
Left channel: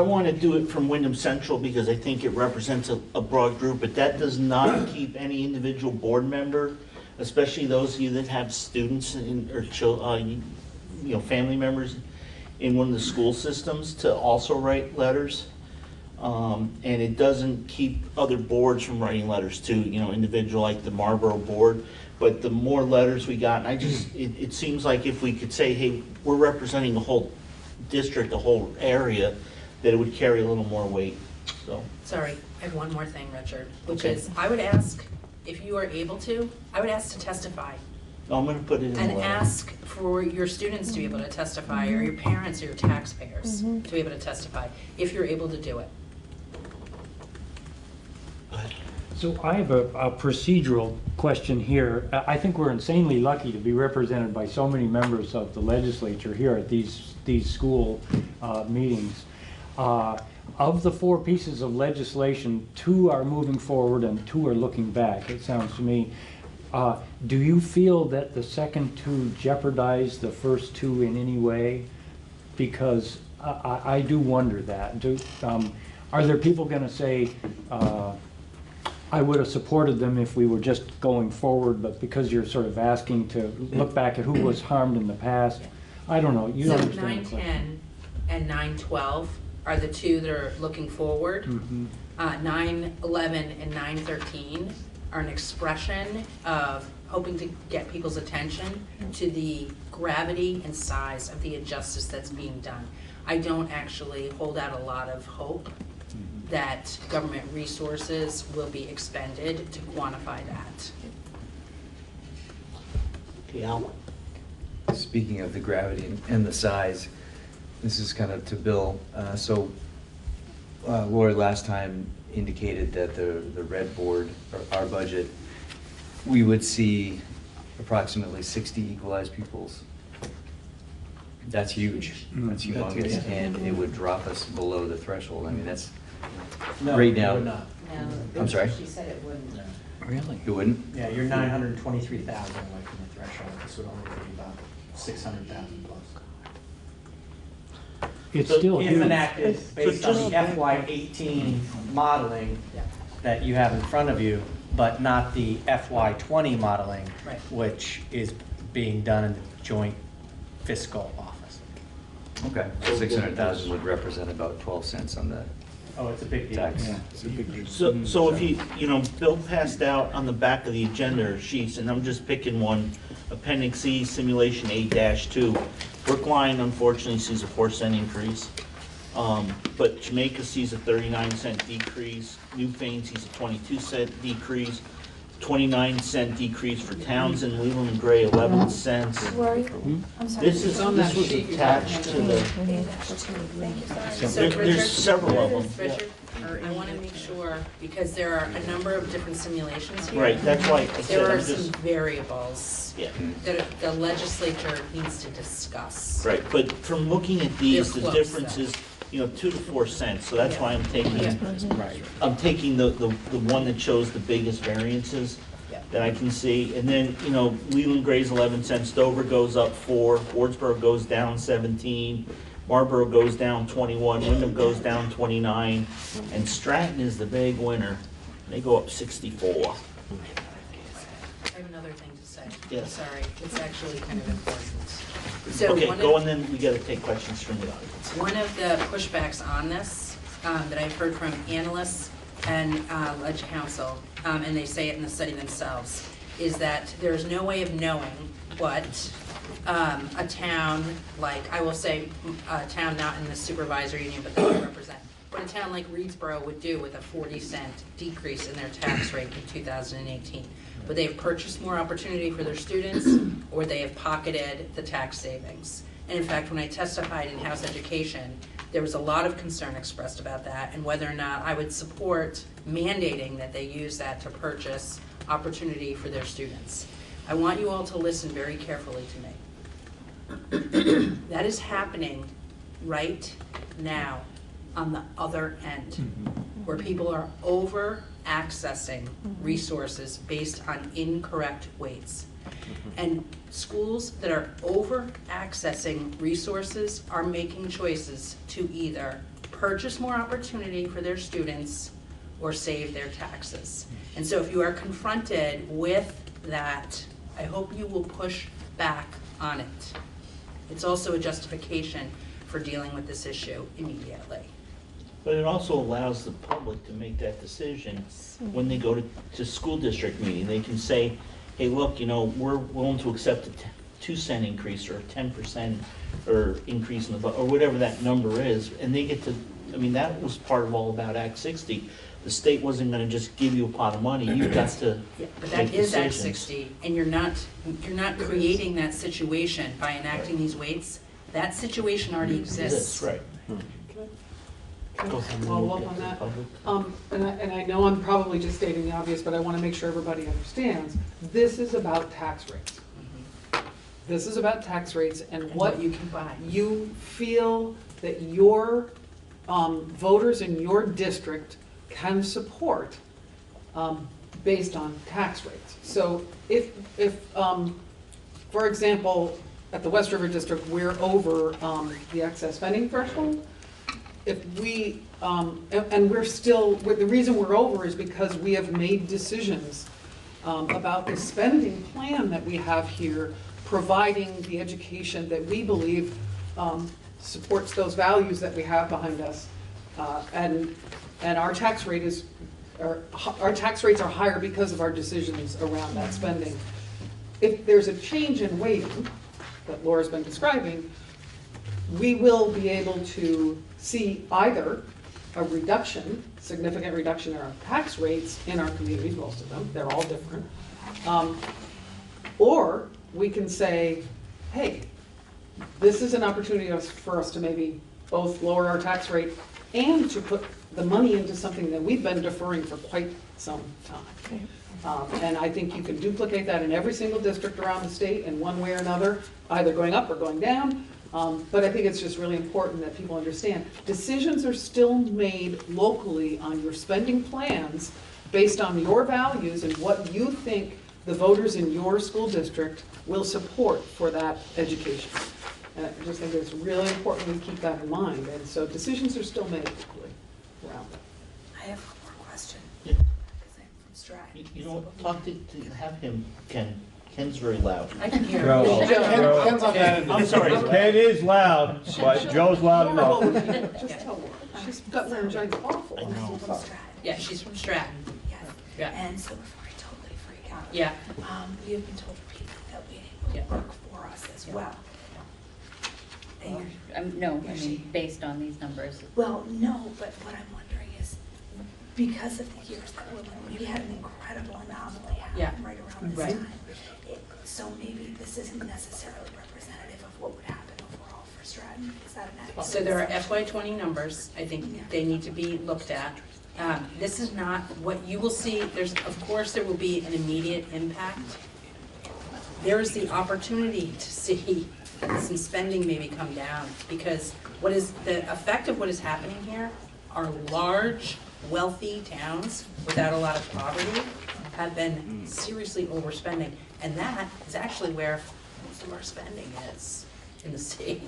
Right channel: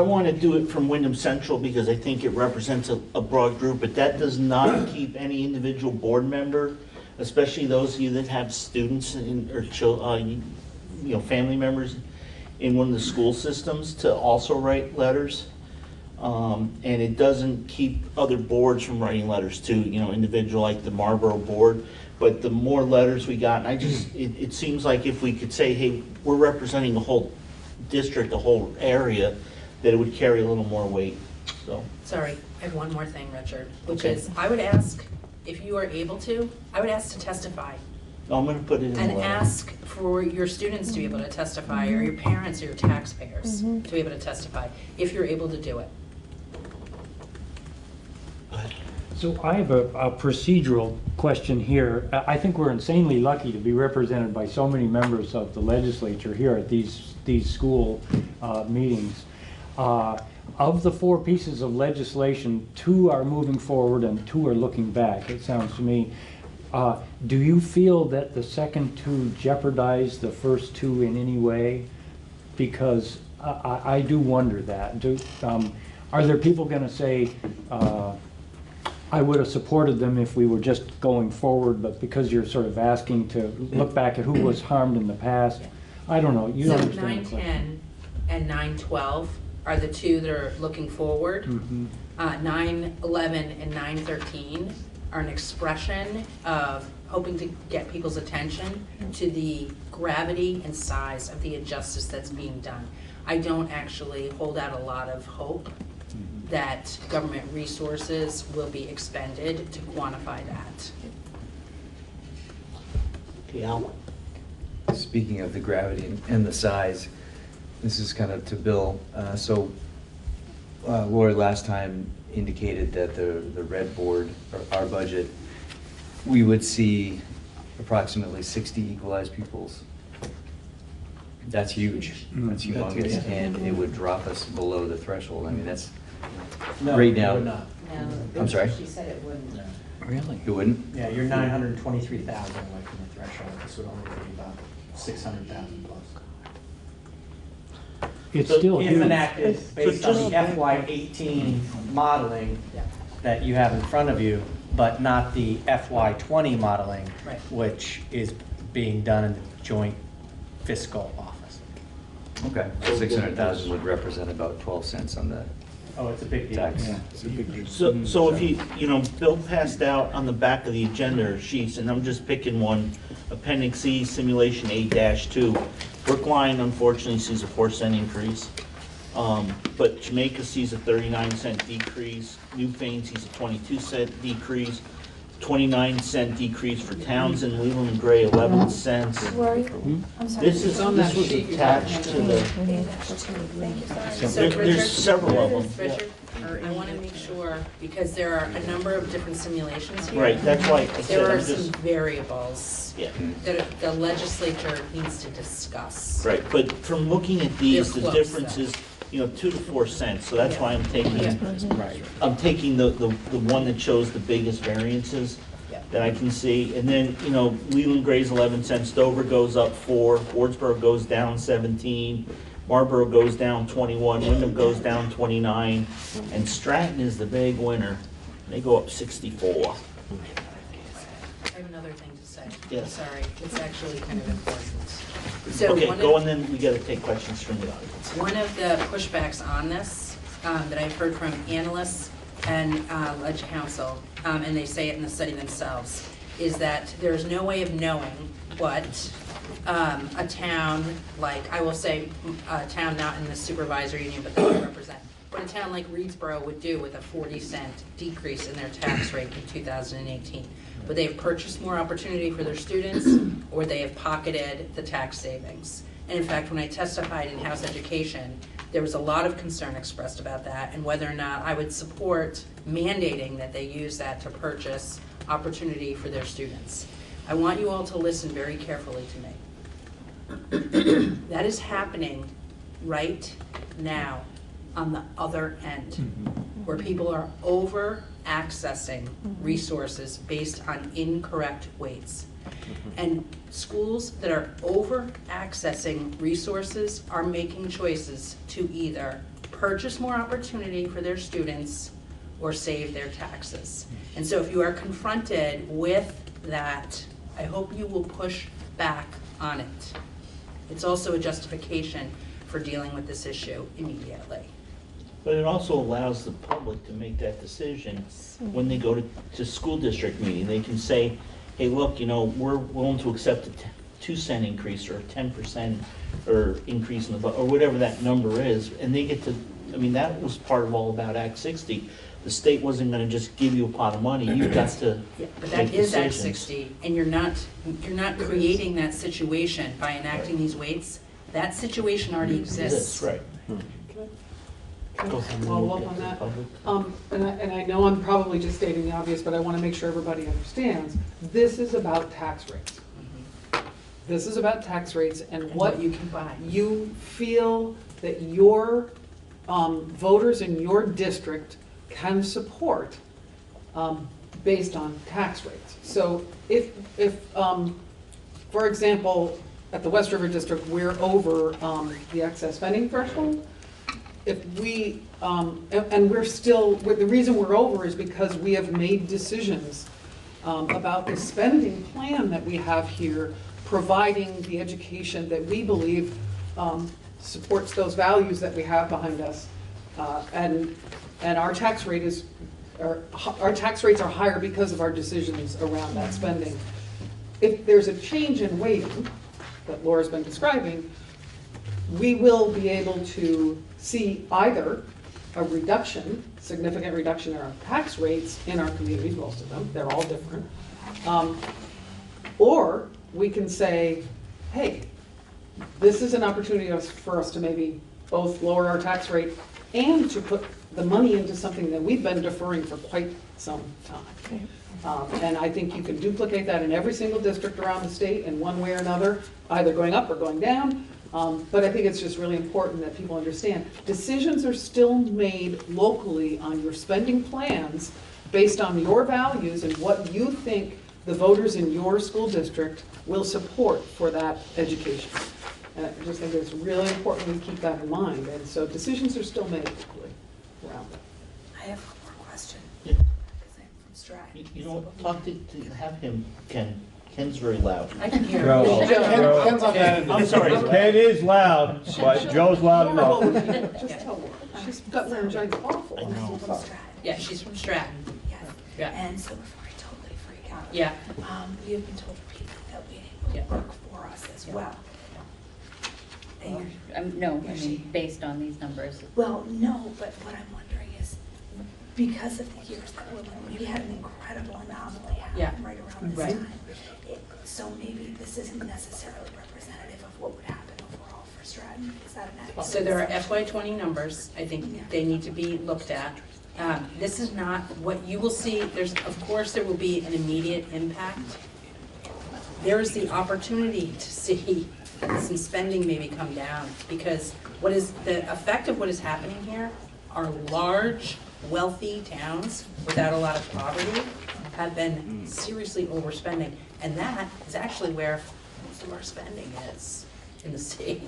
want to do it from Wyndham Central because I think it represents a broad group, but that does not keep any individual board member, especially those of you that have students or family members in one of the school systems, to also write letters. And it doesn't keep other boards from writing letters too, individual like the Marlboro board. But the more letters we got, and it seems like if we could say, hey, we're representing the whole district, the whole area, that it would carry a little more weight, so. Sorry, I have one more thing, Richard, which Okay. is, I would ask if you are able to, I would ask to testify. I'm gonna put it in the And letter. ask for your students to be able to testify, or your parents or your taxpayers to be able to testify, if you're able to do it. So I have a procedural question here. I think we're insanely lucky to be represented by so many members of the legislature here at these school meetings. Of the 4 pieces of legislation, 2 are moving forward and 2 are looking back, it sounds to me. Do you feel that the second 2 jeopardize the first 2 in any way? Because I do wonder that. Are there people going to say, I would have supported them if we were just going forward, but because you're sort of asking to look back at who was harmed in the past, I don't know, you So understand the question. 910 and 912 are the 2 that are looking forward. 911 and 913 are an expression of hoping to get people's attention to the gravity and size of the injustice that's being done. I don't actually hold out a lot of hope that government resources will be expended to quantify that. Okay, Al. Speaking of the gravity and the size, this is kind of to Bill. Lori last time indicated that the red board, or our budget, we would see approximately 60 equalized pupils. That's huge. That's humongous, and it would drop us below the threshold. I mean, that's right now. it would not. No, I'm sorry? she said it wouldn't. Really? It wouldn't? Yeah, you're 923,000 away from the threshold. This would only be about 600,000 plus. It's So still If huge. enacted based on just- the FY18 modeling that you have in front of you, but not the FY20 modeling, Right. which is being done in the joint fiscal office. Okay. 600,000 would represent about 12 cents on the Oh, it's a big deal. tax. Yeah, it's a big deal. So if Bill passed out on the back of the agenda sheets, and I'm just picking one, Appendix E, Simulation A-2. Brookline unfortunately sees a 4-cent increase. But Jamaica sees a 39-cent decrease. Newfane sees a 22-cent decrease. 29-cent decrease for Townsend, Leland and Gray, 11 cents. Where are you? I'm sorry. This was attached to the, So there's Richard, several of them. Richard, I want to make sure, because there are a number of different simulations here. Right, that's why I said There I'm are some just, variables yeah. that the legislature needs to discuss. Right, but from looking at these, They're the close, difference though. is, 2 to 4 cents, so that's why I'm taking, Right. I'm taking the one that shows the biggest variances Yeah. that I can see. And then, Leland Gray's 11 cents, Dover goes up 4, Wardsboro goes down 17, Marlboro goes down 21, Wyndham goes down 29, and Stratton is the big winner. They go up 64. I have another thing to say. Yes. Sorry, it's actually kind of important. So Okay, one go of, and then we gotta take questions from the audience. one of the pushbacks on this that I've heard from analysts and Ledge Council, and they say it in the study themselves, is that there's no way of knowing what a town like, I will say, a town not in the supervisory union, but that I represent, what a town like Reedsboro would do with a 40-cent decrease in their tax rate in 2018. Would they have purchased more opportunity for their students, or would they have pocketed the tax savings? And in fact, when I testified in House Education, there was a lot of concern expressed about that and whether or not I would support mandating that they use that to purchase opportunity for their students. I want you all to listen very carefully to me. That is happening right now on the other end, where people are over accessing resources based on incorrect weights. And schools that are over accessing resources are making choices to either purchase more opportunity for their students or save their taxes. And so if you are confronted with that, I hope you will push back on it. It's also a justification for dealing with this issue immediately. But it also allows the public to make that decision when they go to school district meeting. They can say, hey, look, we're willing to accept a 2-cent increase or a 10% or increase in the, or whatever that number is, and they get to I mean, that was part of all about Act 60. The state wasn't gonna just give you a pot of money, you got to Yeah, but make that is Act decisions. 60, and you're not creating that situation by enacting these weights. That situation already exists. Right. Can I follow up on that? And I know I'm probably just stating the obvious, but I want to make sure everybody understands. This is about tax rates. This is about tax rates and what you can buy. you feel that your voters in your district can support based on tax rates. So if for example, at the West River District, we're over the excess spending threshold, if we, and we're still, the reason we're over is because we have made decisions about the spending plan that we have here, providing the education that we believe supports those values that we have behind us. And our tax rate is, our tax rates are higher because of our decisions around that spending. If there's a change in weighting that Laura's been describing, we will be able to see either a reduction, significant reduction in our tax rates in our communities, most of them, they're all different. Or we can say, hey, this is an opportunity for us to maybe both lower our tax rate and to put the money into something that we've been deferring for quite some time. And I think you can duplicate that in every single district around the state in one way or another, either going up or going down. But I think it's just really important that people understand, decisions are still made locally on your spending plans based on your values and what you think the voters in your school district will support for that education. And I just think it's really important we keep that in mind. And so decisions are still made locally around it. I have one more question. Yeah. Because I'm from Stratton. You know, talk to have him, Ken. Ken's very loud. I can hear Joe. it. Ken's on that end. I'm sorry. Ken is loud, but Joe's loud enough. Just tell her. She's got laryngitis awful. I know. I'm from Stratton. Yeah, she's from Stratton. Yes. Yeah. And so before I totally freak out. Yeah. We have been told repeatedly that we Yeah. will work for us as well. And No, I mean, based on these numbers. well, no, but what I'm wondering is, because of the years that we had an incredible anomaly Yeah. happen right around this Right. time. So maybe this isn't necessarily representative of what would happen overall for Stratton. Is that an accurate? So there are FY20 numbers, I think they need to be looked at. This is not what you will see, of course there will be an immediate impact. There is the opportunity to see some spending maybe come down, because what is the effect of what is happening here are large, wealthy towns without a lot of poverty have been seriously overspending, and that is actually where most of our spending is in the state.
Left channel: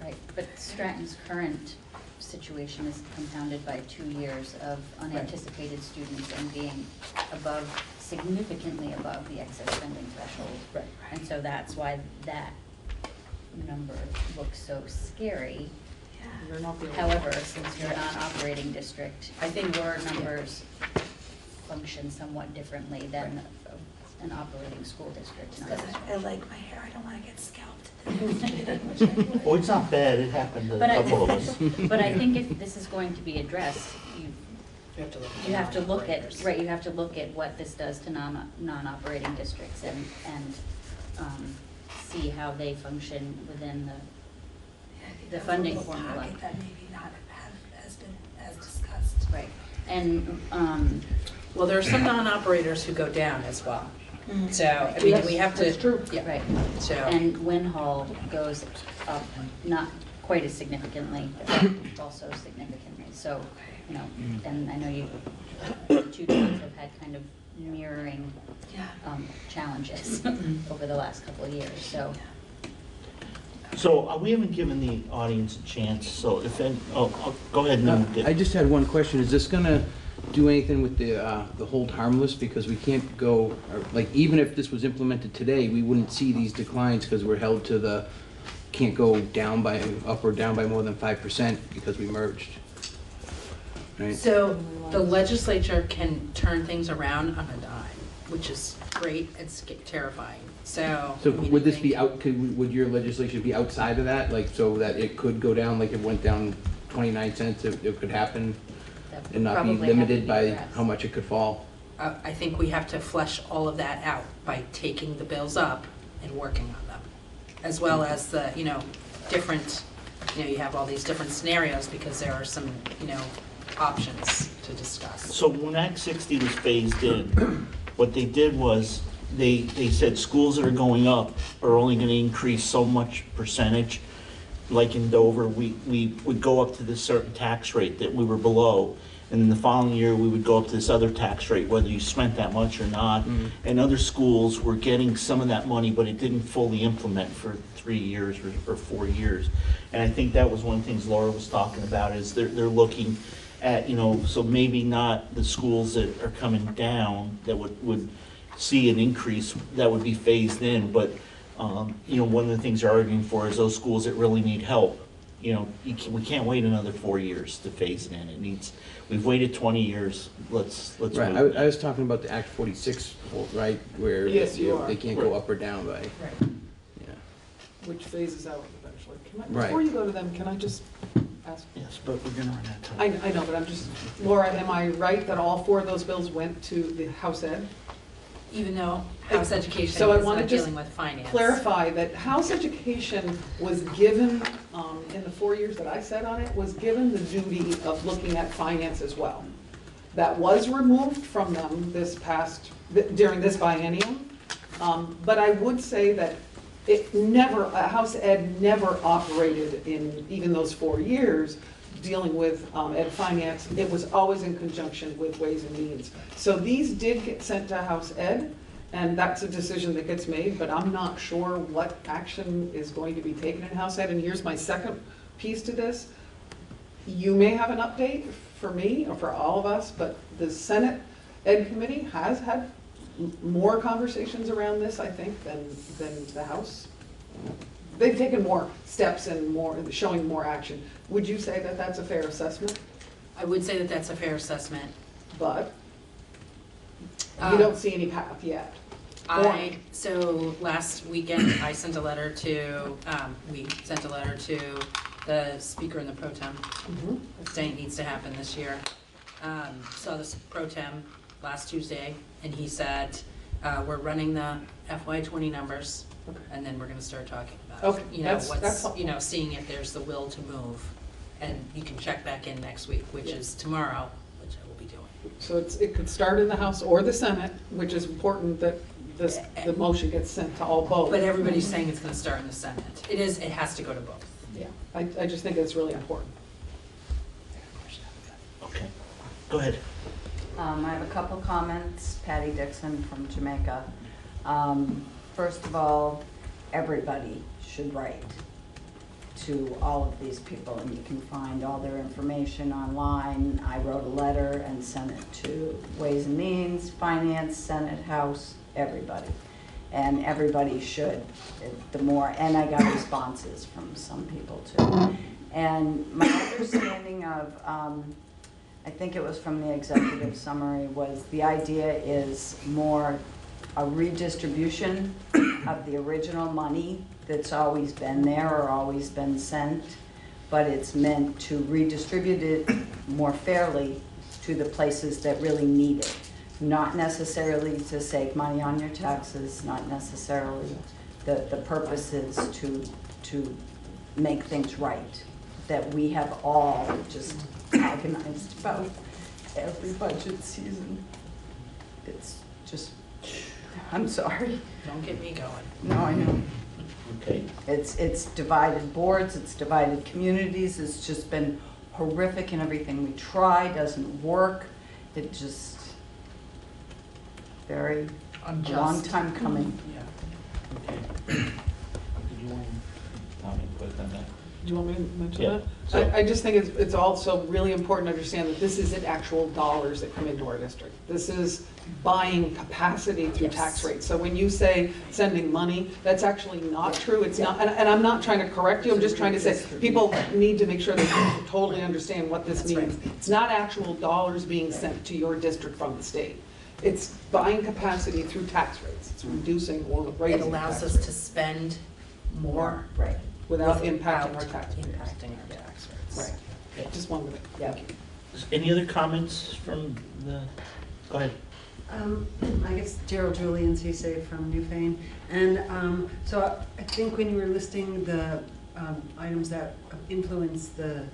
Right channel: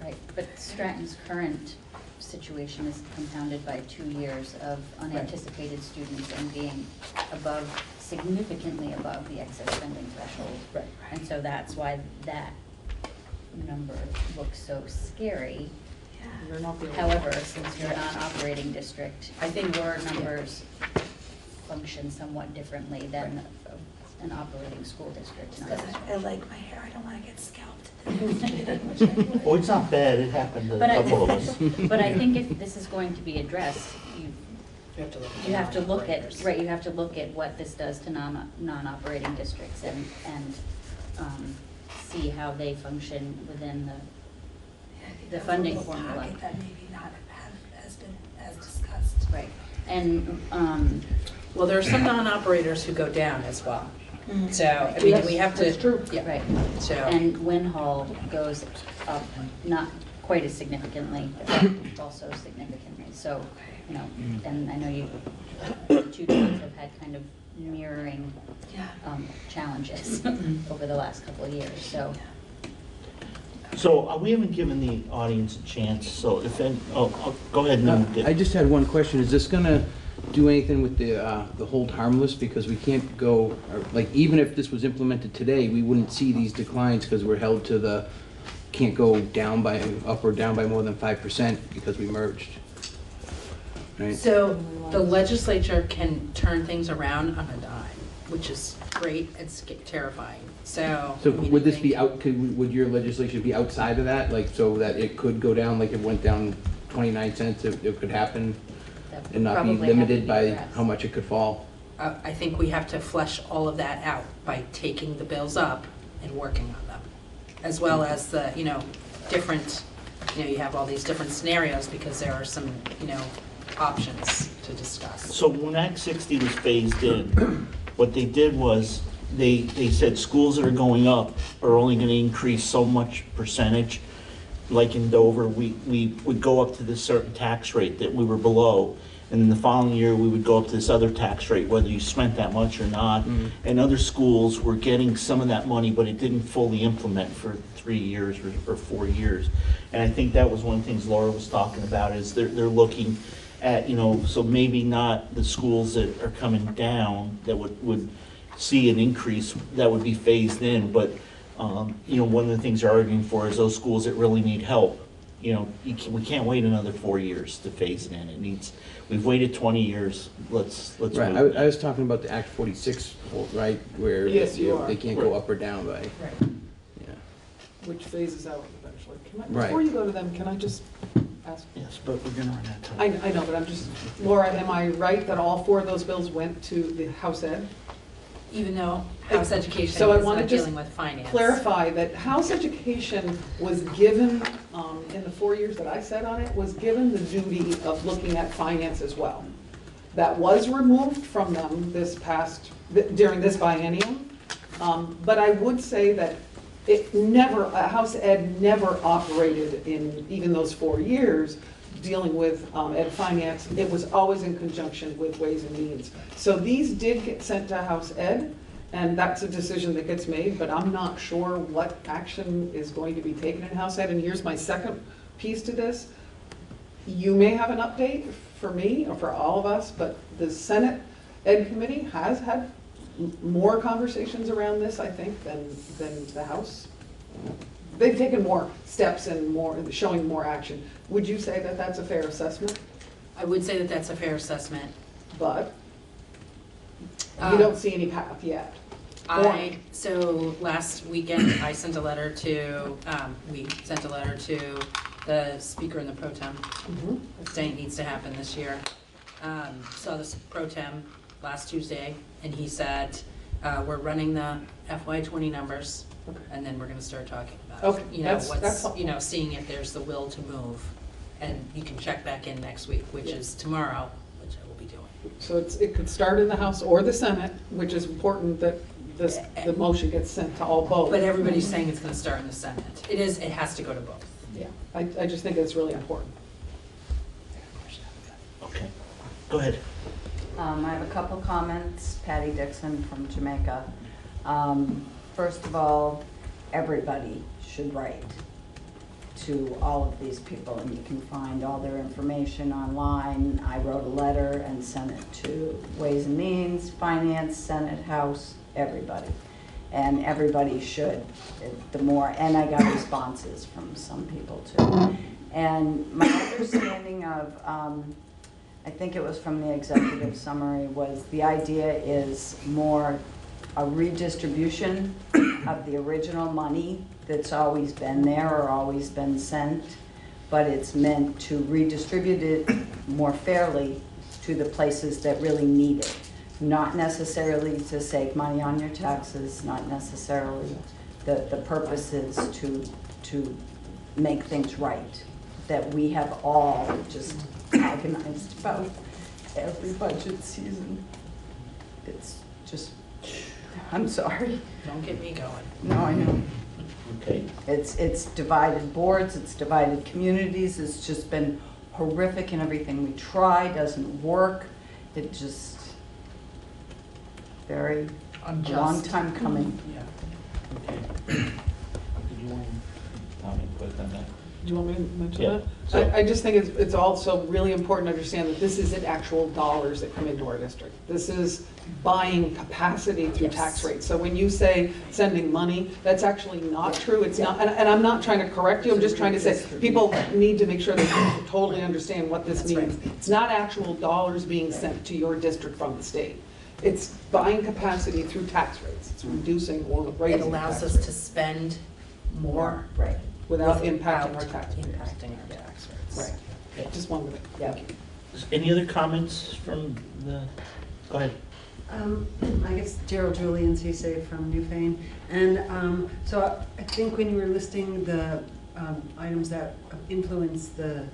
Right, but Stratton's current situation is compounded by 2 years of unanticipated students and being above, significantly above the excess spending threshold. Right. And so that's why that number looks so scary. You're not the only However, since you're a non-operating district, I think your numbers function somewhat differently than an operating school district. Because I like my hair, I don't want to get scalped. Oh, it's not bad, it happened to a But couple of us. But I think if this is going to be addressed, You have to look. you have to look at, operators. right, you have to look at what this does to non-operating districts and see how they function within the funding formula. Pocket that maybe not has been as discussed. Right, and, Well, there are some non-operators who go down as well. Mm. So, I mean, Yes, we have to. that's true. Yeah, right, so. and Winhall goes up, not quite as significantly, but also significantly, so, you know, and I know you, two towns have had kind of mirroring Yeah. challenges over the last couple of years, so. So we haven't given the audience a chance, so if, go ahead and I just had one question. Is this gonna do anything with the hold harmless? Because we can't go, like, even if this was implemented today, we wouldn't see these declines because we're held to the, can't go down by, up or down by more than 5% because we merged. Right? So the legislature can turn things around on a dime, which is great, it's terrifying, so. So I mean, would I this think- be would your legislation be outside of that, like, so that it could go down like it went down 29 cents, it could happen That and not be probably have to limited be by addressed. how much it could fall? I think we have to flesh all of that out by taking the bills up and working on them, as well as the, different, you have all these different scenarios because there are some, options to discuss. So when Act 60 was phased in, what they did was, they said schools that are going up are only gonna increase so much percentage. Like in Dover, we would go up to this certain tax rate that we were below, and then the following year, we would go up to this other tax rate, whether you spent that much or not. And other schools were getting some of that money, but it didn't fully implement for 3 years or 4 years. And I think that was one of the things Laura was talking about, is they're looking at, so maybe not the schools that are coming down that would see an increase that would be phased in, but, one of the things they're arguing for is those schools that really need help. We can't wait another 4 years to phase it in. We've waited 20 years, let's move. Right, I was talking about the Act 46, right, where Yes, you are. they can't go up or down by, Right. yeah. Which phases out eventually. Right. Before you go to them, can I just ask? Yes, but we're gonna run out of time. I know, but I'm just, Laura, am I right that all 4 of those bills went to the House Ed? Even though House Education So I is wanna not just dealing with finance. clarify that House Education was given, in the 4 years that I sat on it, was given the duty of looking at finance as well. That was removed from them during this biennium. But I would say that House Ed never operated in even those 4 years dealing with ed finance. It was always in conjunction with Ways and Means. So these did get sent to House Ed, and that's a decision that gets made, but I'm not sure what action is going to be taken in House Ed. And here's my second piece to this. You may have an update for me or for all of us, but the Senate Ed Committee has had more conversations around this, I think, than the House. They've taken more steps and showing more action. Would you say that that's a fair assessment? I would say that that's a fair assessment. But you don't see any path yet. So last weekend, I sent a letter to, we sent a letter to the Speaker and the Pro Tem, saying it needs to happen this year. Saw the Pro Tem last Tuesday, and he said, we're running the FY20 numbers, and then we're gonna start talking about, seeing if there's the will to move. And you can check back in next week, which is tomorrow, which I will be doing. So it could start in the House or the Senate, which is important that the motion gets sent to all both. But everybody's saying it's gonna start in the Senate. It has to go to both. Yeah, I just think it's really important. Okay, go ahead. I have a couple comments. Patty Dixon from Jamaica. First of all, everybody should write to all of these people, and you can find all their information online. I wrote a letter and sent it to Ways and Means, Finance, Senate, House, everybody. And everybody should, and I got responses from some people too. And my understanding of, I think it was from the executive summary, was the idea is more a redistribution of the original money that's always been there or always been sent, but it's meant to redistribute it more fairly to the places that really need it. Not necessarily to save money on your taxes, not necessarily. The purpose is to make things right, that we have all just agonized about every budget season. It's just, I'm sorry. Don't get me going. No, I know. Okay. It's divided boards, it's divided communities, it's just been horrific, and everything we try doesn't work. It just, very, Unjust. long time coming. Okay. Did you want to comment on that? Do you want me to mention Yeah. that? So- I just think it's also really important to understand that this isn't actual dollars that come into our district. This is buying capacity through tax rates. So when you say sending money, that's actually not true. It's not, and I'm not trying to correct you, I'm just trying to say, people need to make sure they totally understand what this means. It's not actual dollars being sent to your district from the state. It's buying capacity through tax rates. It's reducing or raising It allows tax us rates to spend more. Right. without impacting our tax rates. Impacting our tax rates. Right. Just one minute. Yeah. Any other comments from the, go ahead. I guess Gerald Julian, CSA from Newfane. And so I think when you were listing the items that influence the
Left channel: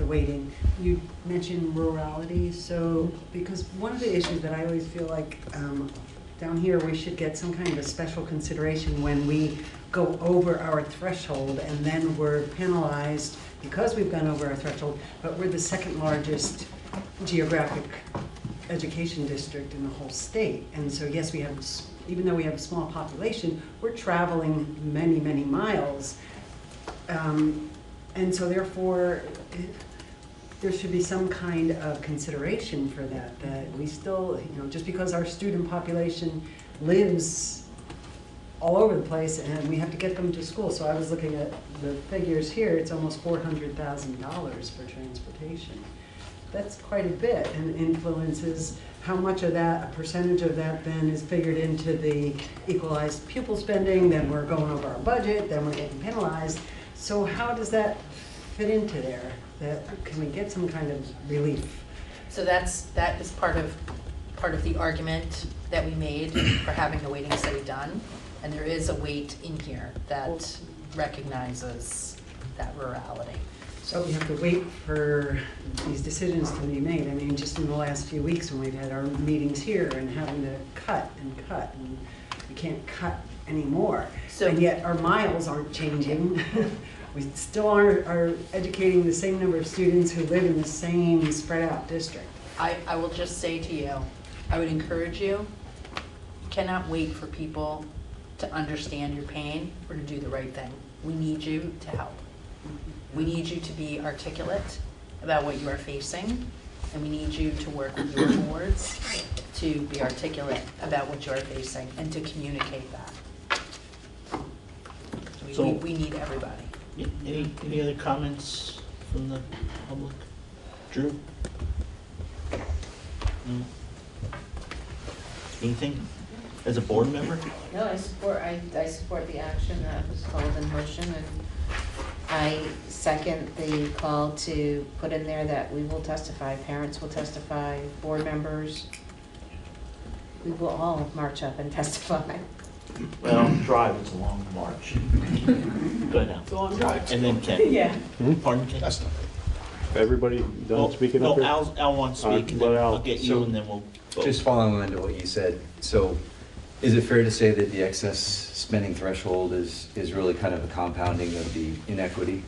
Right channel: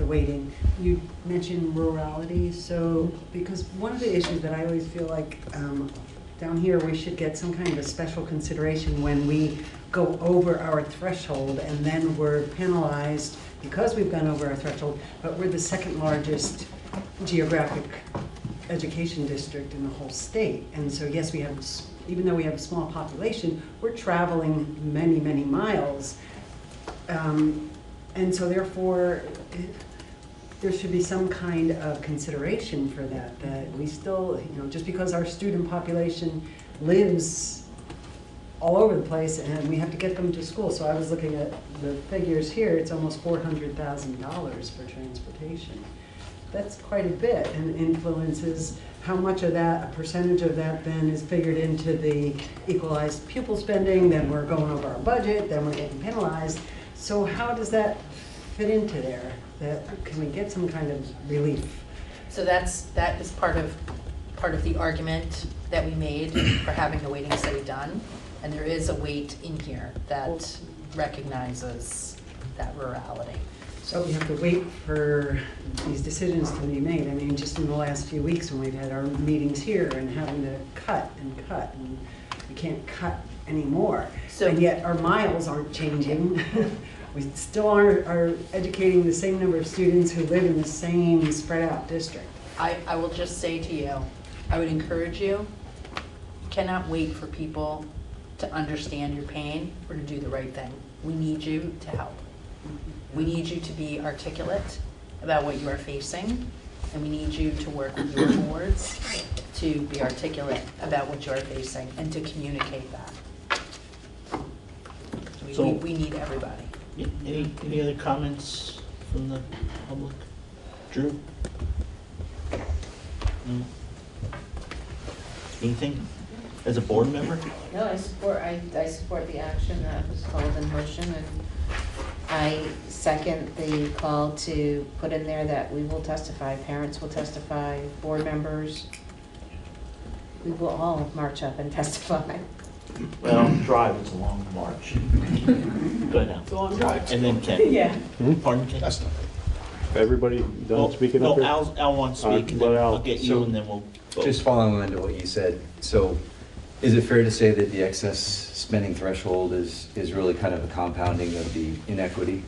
weighting, you mentioned rurality. So, because one of the issues that I always feel like down here, we should get some kind of a special consideration when we go over our threshold and then we're penalized because we've gone over our threshold, but we're the second largest geographic education district in the whole state. And so yes, we have, even though we have a small population, we're traveling many, many miles. And so therefore, there should be some kind of consideration for that, that we still, just because our student population lives all over the place and we have to get them to school. So I was looking at the figures here, it's almost $400,000 for transportation. That's quite a bit, and influences how much of that, a percentage of that then is figured into the equalized pupil spending, then we're going over our budget, then we're getting penalized. So how does that fit into there? Can we get some kind of relief? So that is part of the argument that we made for having the weighting study done. And there is a weight in here that recognizes that rurality. So we have to wait for these decisions to be made. I mean, just in the last few weeks when we've had our meetings here and having to cut, and we can't cut anymore. So, and yet our miles aren't changing. We still are educating the same number of students who live in the same spread out district. I will just say to you, I would encourage you, cannot wait for people to understand your pain or to do the right thing. We need you to help. We need you to be articulate about what you are facing, and we need you to work with your boards to be articulate about what you are facing and to communicate that. So- We need everybody. Any other comments from the public? Drew? No? Anything as a board member? No, I support the action that was called in motion, and I second the call to put in there that we will testify, parents will testify, board members, we will all march up and testify. Well, drive, it's a long march. Go ahead now. It's a long drive. And then Ken. Yeah. Pardon, Ken? That's not. Everybody done speaking up No, here? Al wants to speak, and then I'll get you, and then we'll vote. Just following on to what you said, so is it fair to say that the excess spending threshold is really kind of a compounding of the inequity?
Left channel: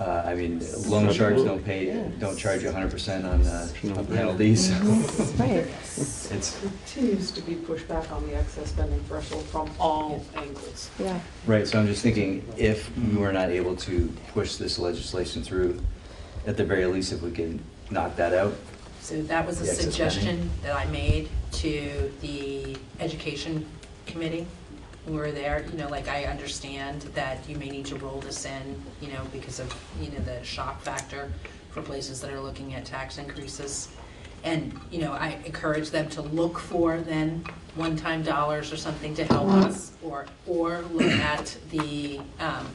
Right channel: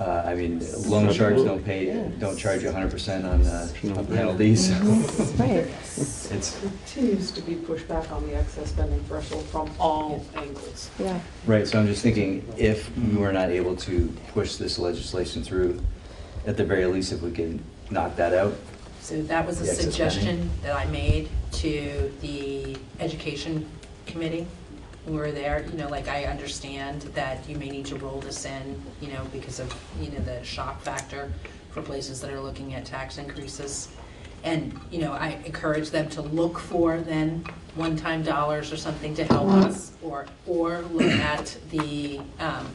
I mean, loan sharks don't charge you 100% on penalties. Right. It continues to be pushed back on the excess spending threshold from all angles. Yeah. Right, so I'm just thinking, if we were not able to push this legislation through, at the very least, if we can knock that out. So that was a The excess suggestion that I made to the education committee. We were there, like I understand that you may need to roll this in, because of, the shock factor for places that are looking at tax increases. And, I encourage them to look for then one-time dollars or something to help us, or look at the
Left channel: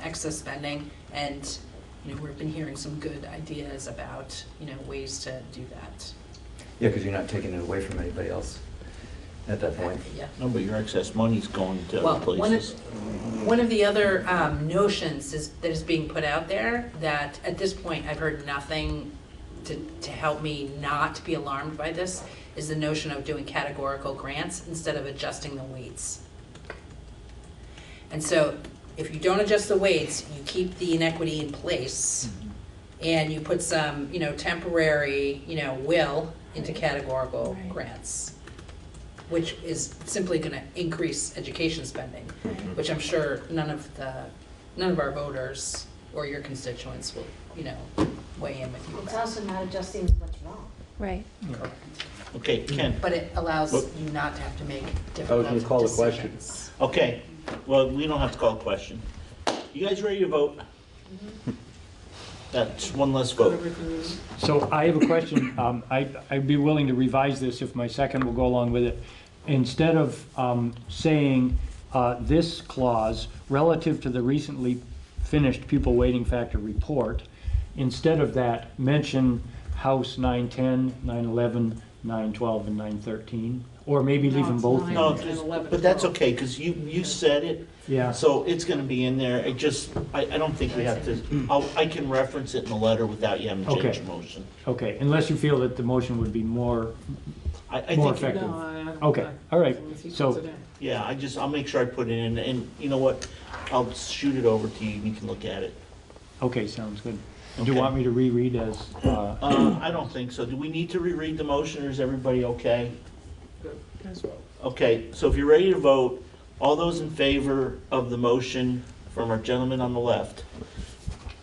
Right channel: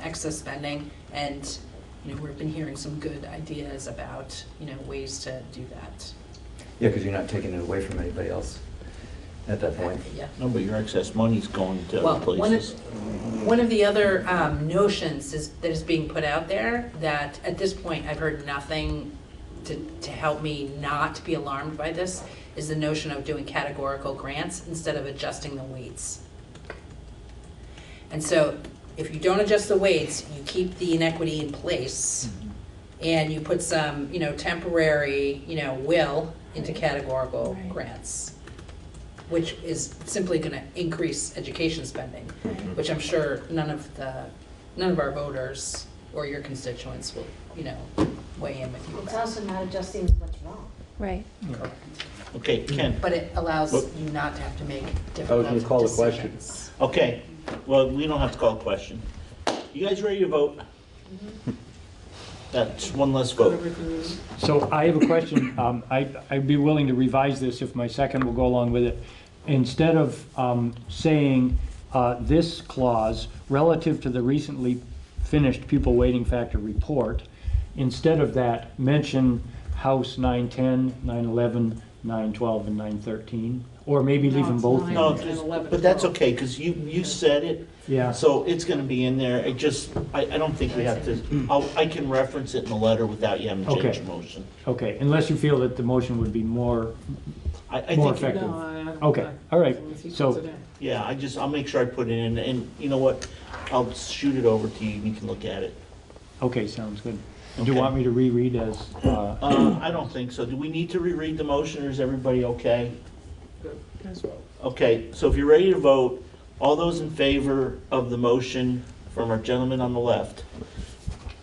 excess spending. And, we've been hearing some good ideas about, ways to do that. Yeah, because you're not taking it away from anybody else at that point. Yeah. No, but your excess money's going to Well, other places. one of the other notions that is being put out there, that at this point I've heard nothing to help me not be alarmed by this, is the notion of doing categorical grants instead of adjusting the weights. And so if you don't adjust the weights, you keep the inequity in place, and you put some, temporary, will into categorical grants, which is simply going to increase education spending, which I'm sure none of our voters or your constituents will, weigh in with you It's about. also not adjusting what's wrong. Right. Okay, Ken? But it allows Well- you not to have to make I was difficult gonna call the question. decisions. Okay, well, we don't have to call a question. You guys ready to vote? That's one less vote. So I have a question. I'd be willing to revise this if my second will go along with it. Instead of saying this clause relative to the recently finished pupil weighting factor report. Instead of that, mention House 910, 911, 912, and 913, or maybe leave them both in. No, there. but that's okay, because you said it. Yeah. So it's gonna be in there. I don't think we have to, I can reference it in the letter without you having to change Okay. your motion. Okay, unless you feel that the motion would be more I more think, effective. No, I don't- Okay, all right, Unless he puts so, it in. yeah, I'll make sure I put it in, and you know what? I'll shoot it over to you, and you can look at it. okay, sounds good. Do you Okay. want me to reread as, I don't think so. Do we need to reread the motion, or is everybody okay? Okay, so if you're ready to vote, all those in favor of the motion from our gentleman on the left,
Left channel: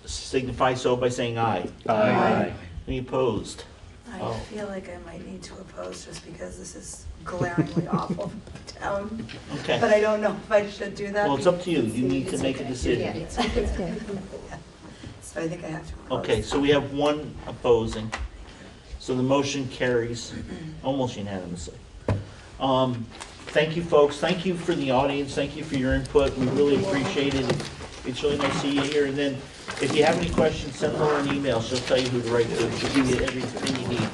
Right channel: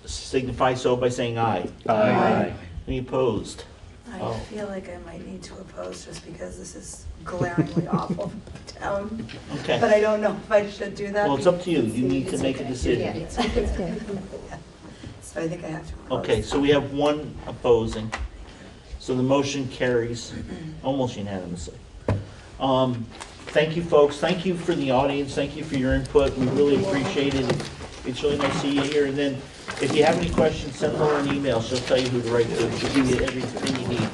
signify so by saying aye. Aye. Any opposed? I Oh. feel like I might need to oppose just because this is glaringly awful for the town. Okay. But I don't know if I should do that. Well, it's up to you. You need to make a Yeah, decision. it's okay. So I think I have to oppose. Okay, so we have one opposing. So the motion carries almost unanimously. Thank you, folks. Thank you for the audience. Thank you for your input. We really appreciate it. It's really nice to see you here. And then if you have any questions, send her an email. She'll tell you who to write to. She'll give you everything you need.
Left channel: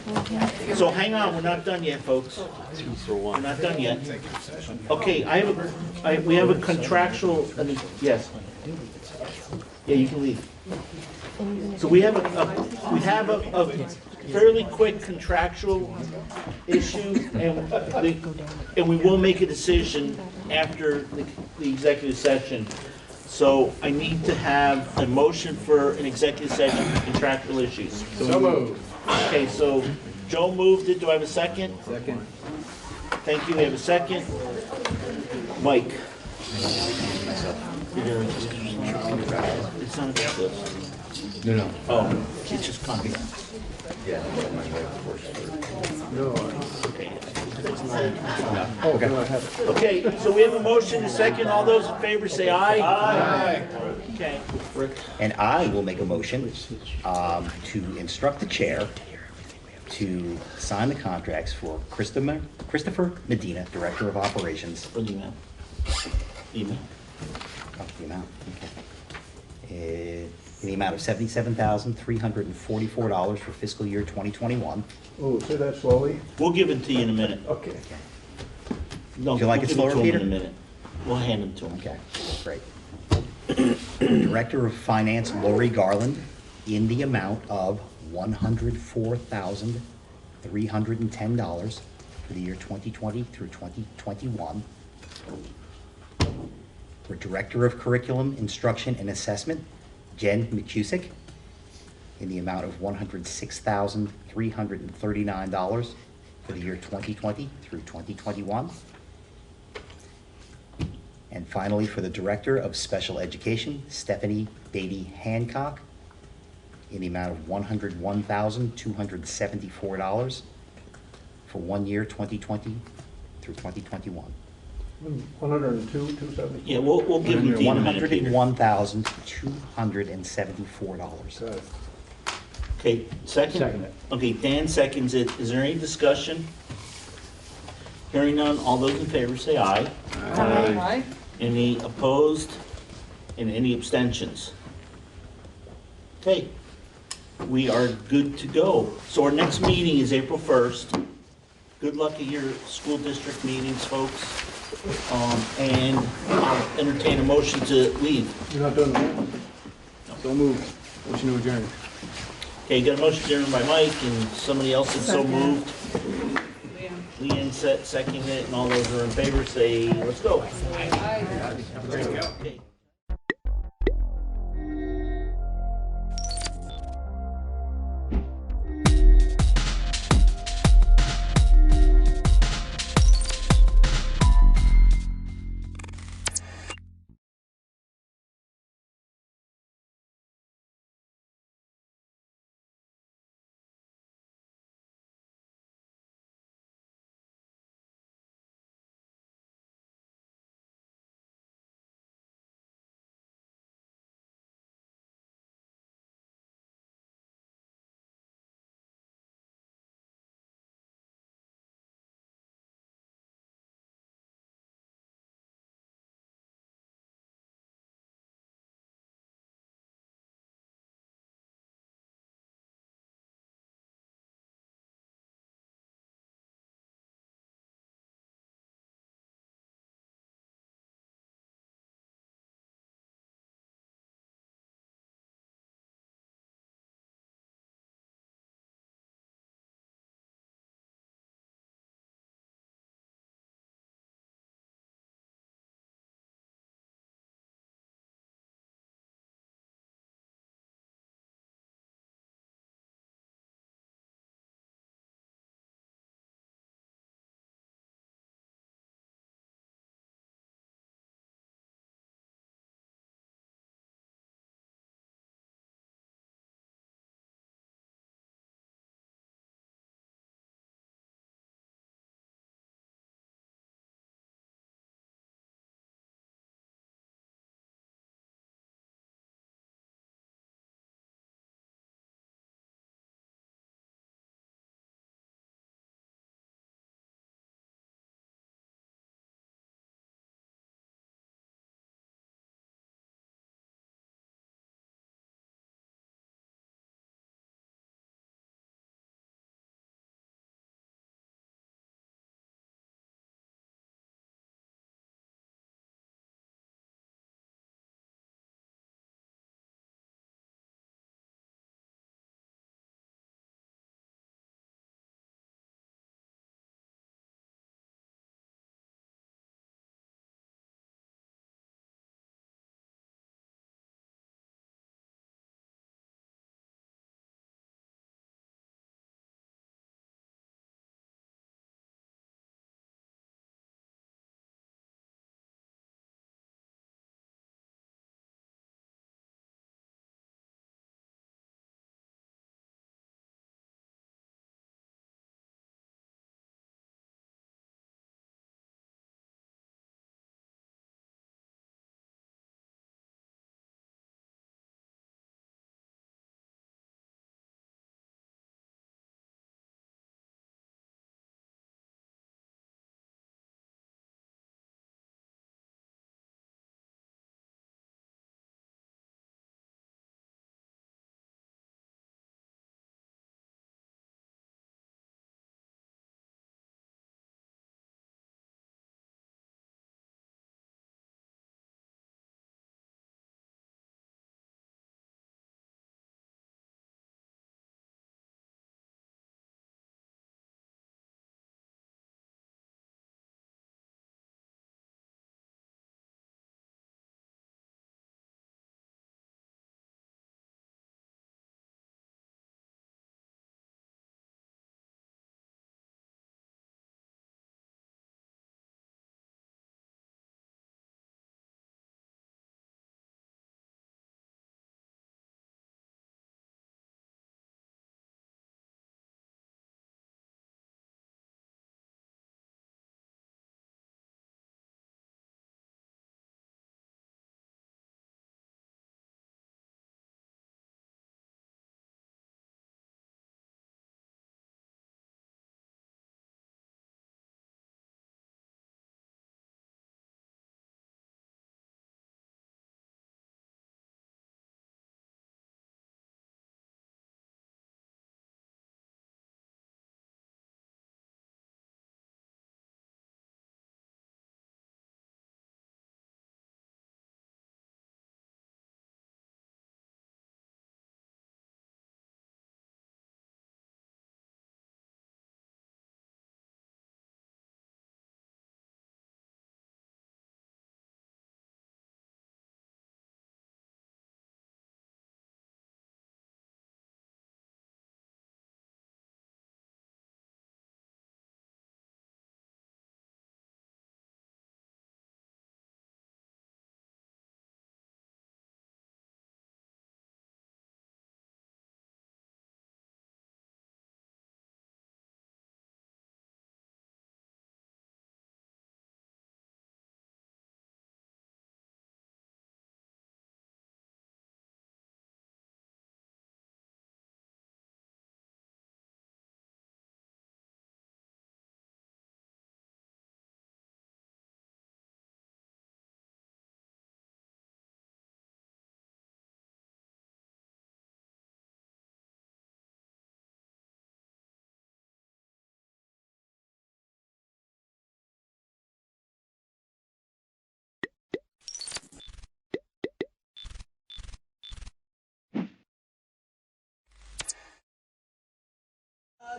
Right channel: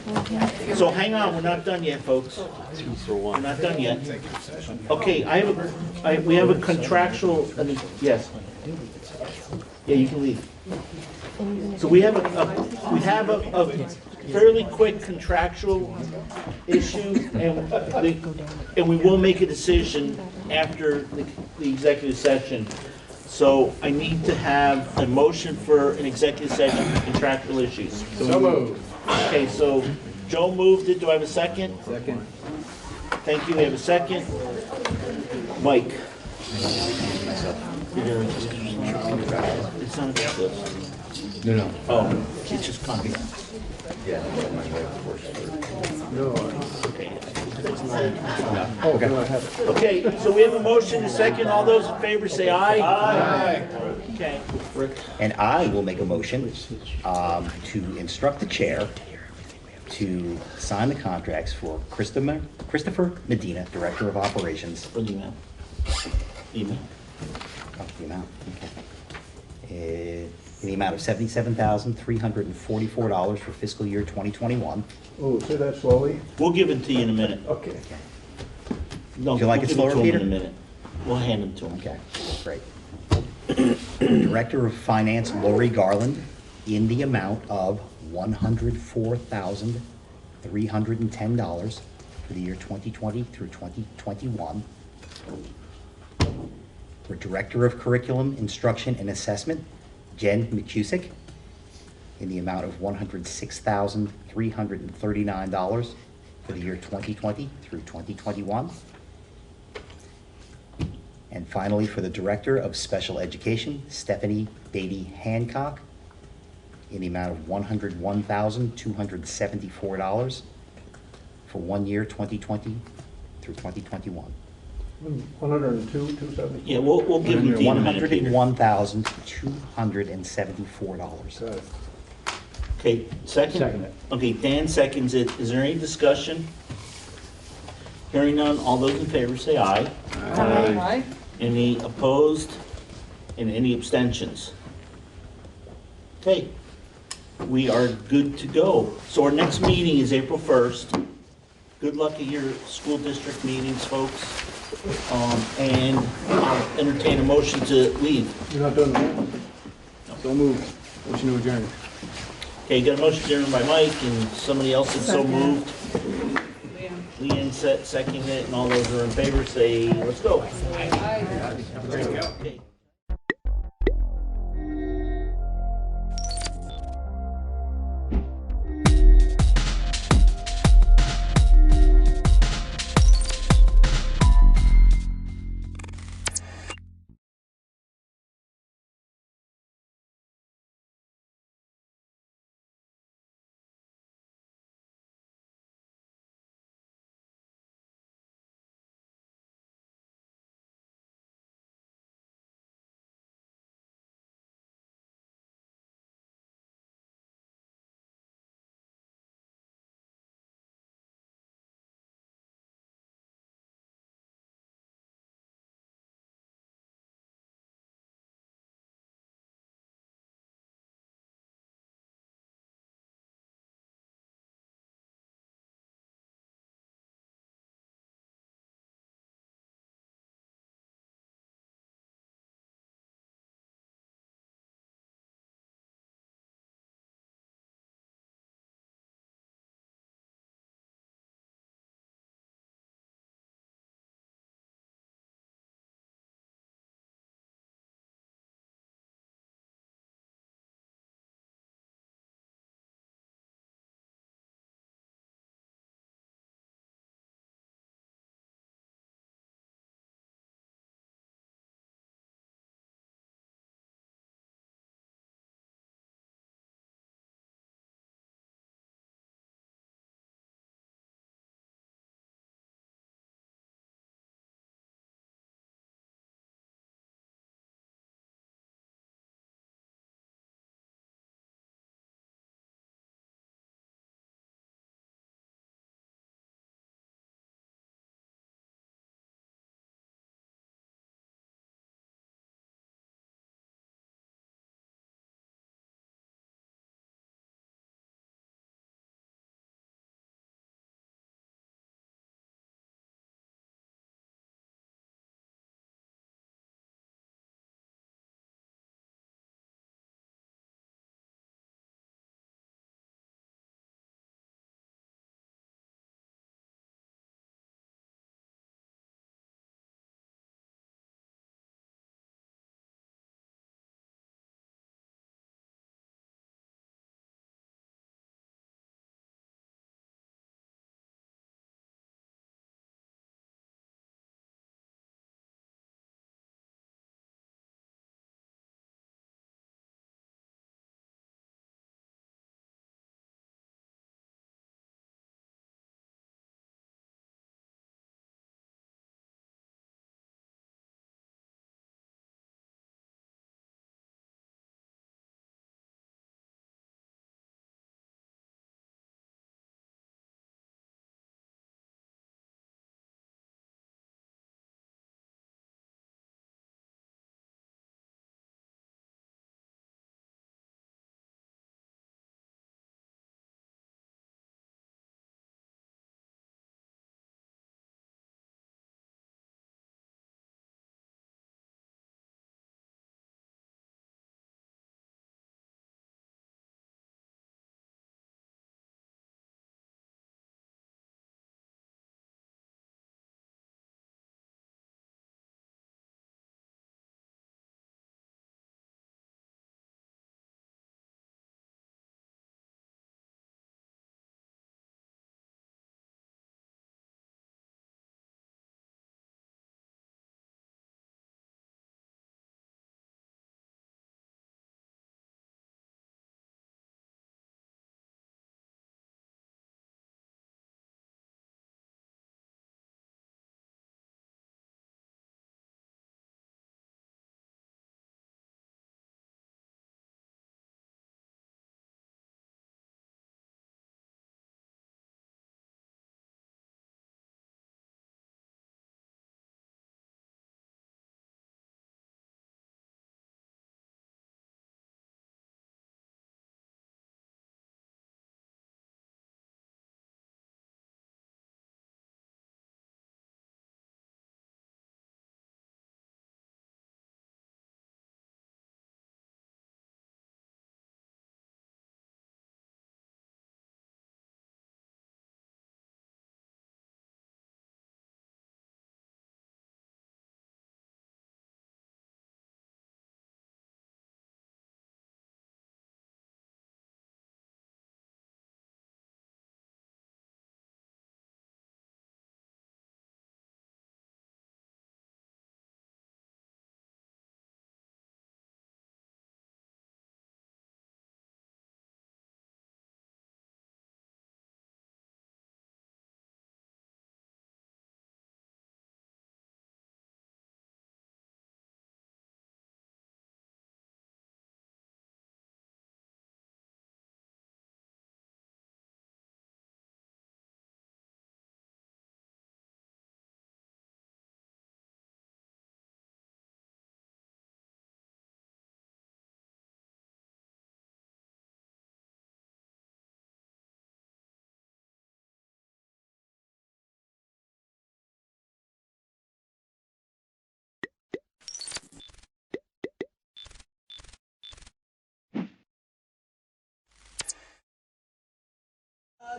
So hang on, we're not done yet, folks. We're not done yet. Okay, we have a contractual, yes. Yeah, you can leave. So we have a fairly quick contractual issue, and we will make a decision after the executive session. So I need to have a motion for an executive session for contractual issues. So moved. Okay, so Joe moved it. Do I have a second? Second. Thank you. We have a second. Mike. It's not about this. No. Oh, it's just coming. Yeah. Okay, so we have a motion, a second. All those in favor say aye. Aye. Okay, Rick. And I will make a motion to instruct the chair to sign the contracts for Christopher Medina, Director of Operations. For the amount. Email. Oh, the amount, okay. In the amount of $77,344 for fiscal year 2021. Oh, say that slowly. We'll give it to you in a minute. Okay. No, Would you like we'll it give slower, to him Peter? in a minute. We'll hand them to him. Okay, great. Director of Finance Lori Garland in the amount of $104,310 for the year 2020 through 2021. For Director of Curriculum, Instruction, and Assessment, Jen McCusick, in the amount of $106,339 for the year 2020 through 2021. And finally, for the Director of Special Education, Stephanie Beatty Hancock, in the amount of $101,274 for 1 year, 2020 through 2021. 102, 270? Yeah, we'll give them to you in a minute, Peter. $101,274. Okay, second? Second it. Okay, Dan seconds it. Is there any discussion? Hearing none, all those in favor say aye. Aye. Any opposed? And any abstentions? Okay, we are good to go. So our next meeting is April 1st. Good luck at your school district meetings, folks. And I'll entertain a motion to leave. You're not done yet? So moved. Motion to adjourn. Okay, got a motion adjourned by Mike, and somebody else is so moved. Leanne seconded it, and all those who are in favor say, let's go. Okay.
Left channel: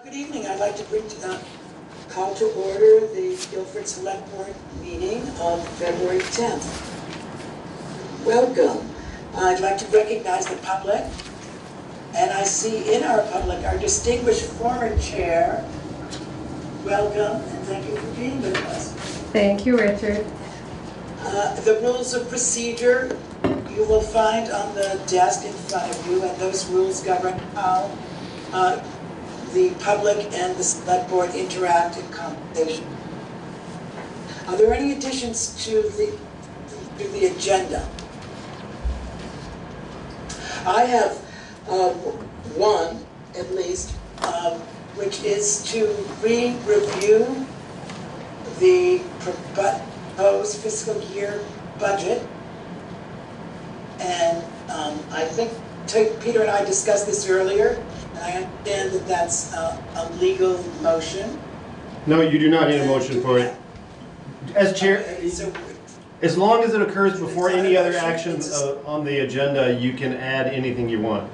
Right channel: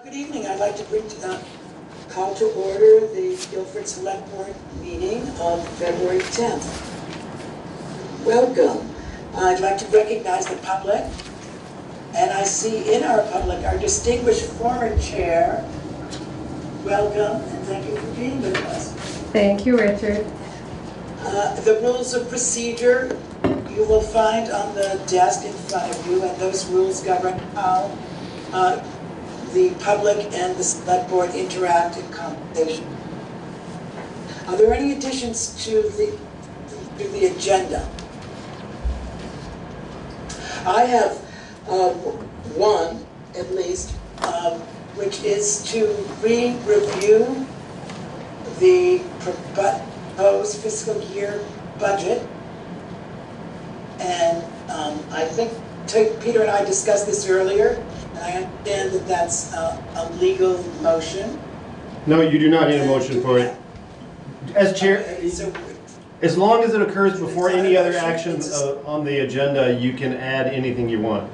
Good evening. I'd like to call to order the Guilford Select Board meeting of February 10th. Welcome. I'd like to recognize the public, and I see in our public our distinguished former chair. Welcome, and thank you for being with us. Thank you, Richard. The rules of procedure you will find on the desk in front of you, and those rules govern how the public and the select board interact in conversation. Are there any additions to the agenda? I have one, at least, which is to review the proposed fiscal year budget. And I think Peter and I discussed this earlier. I understand that that's a legal motion. No, you do not need a motion for it. As chair, Okay, so as long as it occurs before any other action on the agenda, you can add anything you want.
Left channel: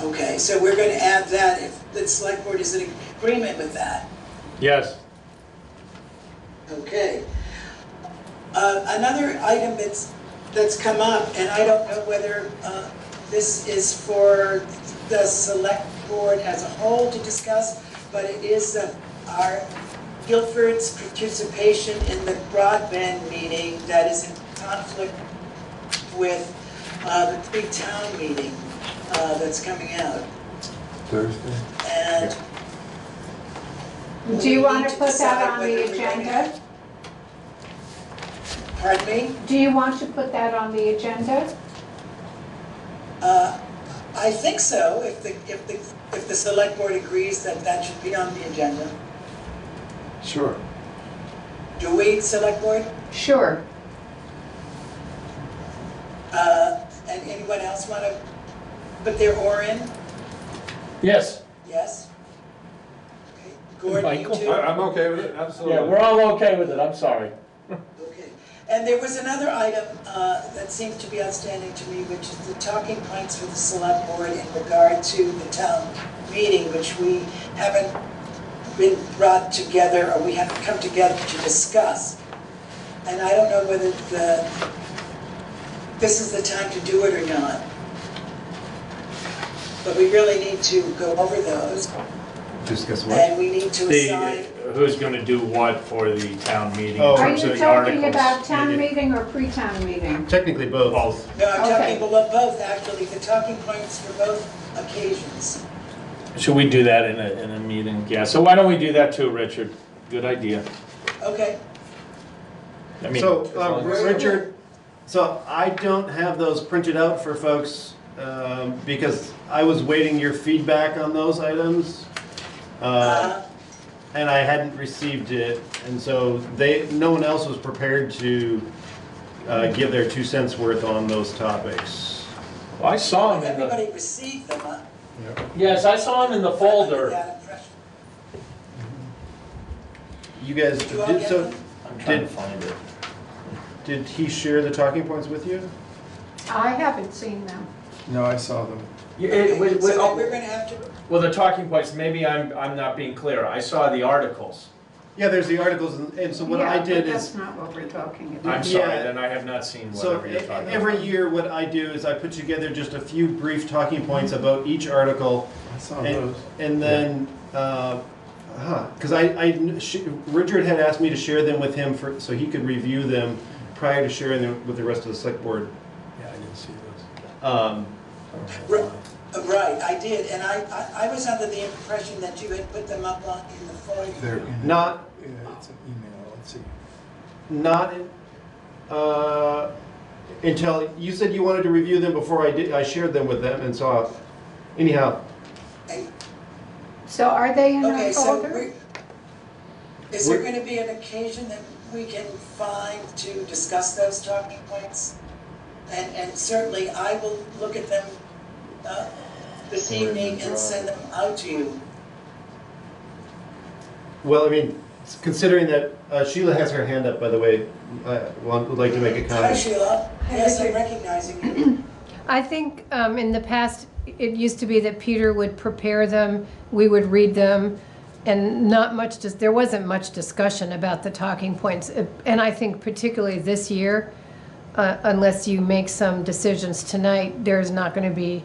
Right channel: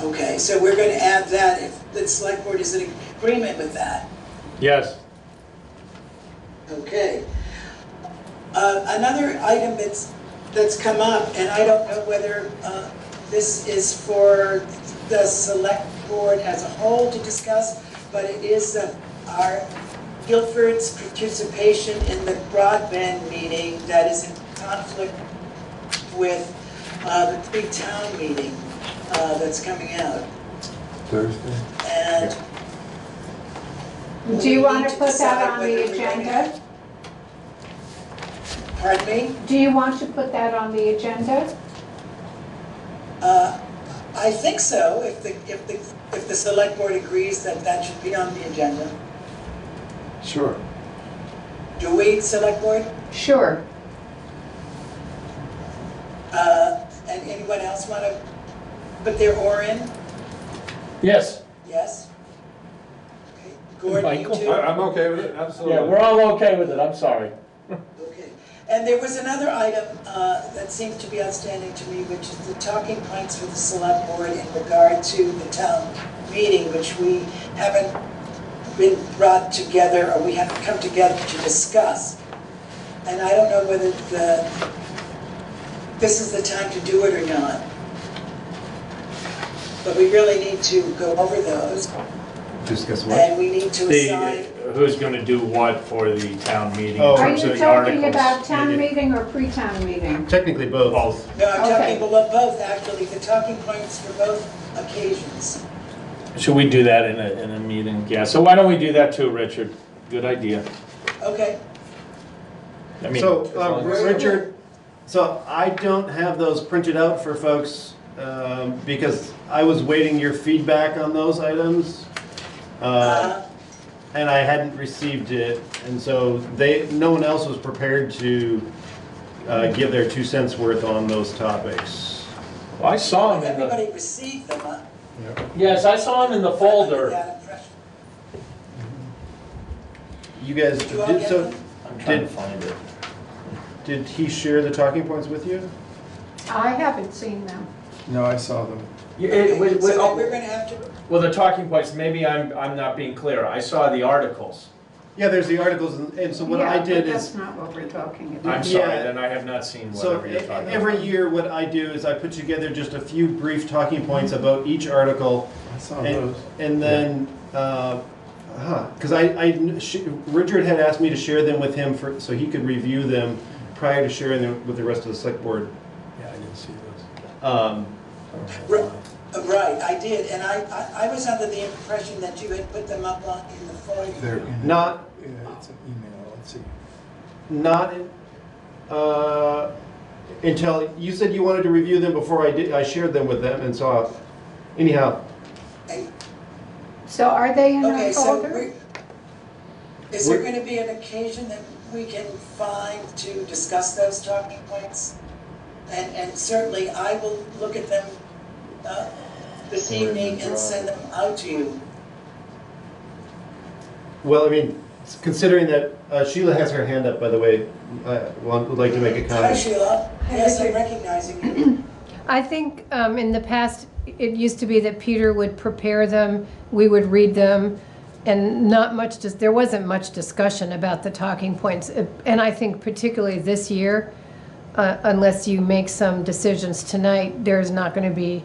okay, so we're going to add that if the select board is in agreement with that. Yes. Okay. Another item that's come up, and I don't know whether this is for the select board as a whole to discuss, but it is our Guilford's participation in the broadband meeting that is in conflict with the big town meeting that's coming out. Thursday? And Do you we want need to put decide that on whether the we're going to- agenda? Pardon me? Do you want to put that on the agenda? I think so, if the select board agrees that that should be on the agenda. Sure. Do we, select board? Sure. And anyone else want to put their oar in? Yes. Yes? Okay. Gordon, you Michael? too? I'm okay with it, absolutely. Yeah, we're all okay with it, I'm sorry. Okay. And there was another item that seemed to be outstanding to me, which is the talking points for the select board in regard to the town meeting, which we haven't been brought together, or we haven't come together to discuss. And I don't know whether this is the time to do it or not. But we really need to go over those, Discuss what? and we need to assign. Who's gonna do what for the town meeting Oh. Are in terms you of the articles? talking about town Yeah. meeting or pre-town meeting? Technically both. Both. No, I'm Okay. talking about both, actually, the talking points for both occasions. Should we do that in a meeting? Yeah, so why don't we do that too, Richard? Good idea. Okay. I mean, So, as long as- Richard, so I don't have those printed out for folks because I was waiting your feedback on those items. And I hadn't received it, and so no one else was prepared to give their 2 cents worth on those topics. Well, I saw him in the, Everybody received them, huh? yes, I saw him in the folder. That impression. You guys, Did you all get them? I'm trying to Did- find it. did he share the talking points with you? I haven't seen them. No, I saw them. Yeah, Okay, it- so oh, we're gonna have to, well, the talking points, maybe I'm not being clear. I saw the articles. Yeah, there's the articles, and so what I Yeah, did but is, that's not what we're talking about. I'm sorry, Yeah. then I have not seen so whatever you're talking about. every year what I do is I put together just a few brief talking points about each article. I saw And, those. and then, because Richard had asked me to share them with him so he could review them prior to sharing them with the rest of the select board. Yeah, I didn't see those. right, I did, and I was under the impression that you had put them up in the folder. They're in Not, yeah, it's an email, let's see. not, until, you said you wanted to review them before I shared them with them, and so, anyhow, So are they in Okay, our so folder? is there gonna be an occasion that we can find to discuss those talking points? And certainly I will look at them this evening and send them out to you. well, I mean, considering that Sheila has her hand up, by the way, would like to make a Hi comment. Sheila, yes, I'm recognizing you. I think in the past, it used to be that Peter would prepare them, we would read them, and there wasn't much discussion about the talking points. And I think particularly this year, unless you make some decisions tonight, there's not going to be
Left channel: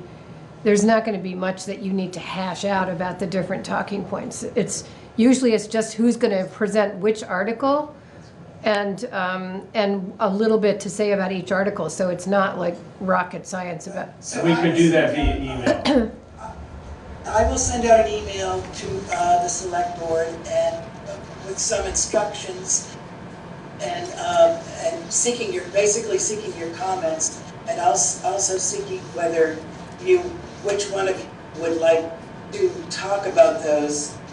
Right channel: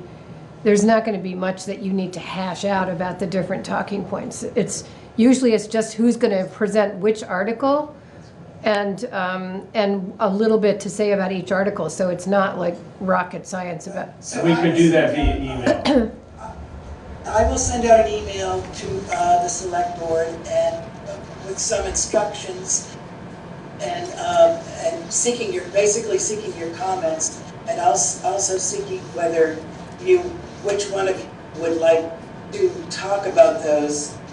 much that you need to hash out about the different talking points. It's just who's going to present which article, and a little bit to say about each article. So it's not like rocket science about. We could do that via email. I will send out an email to the select board and with some instructions and basically seeking your comments, and also seeking which one of you would like to talk about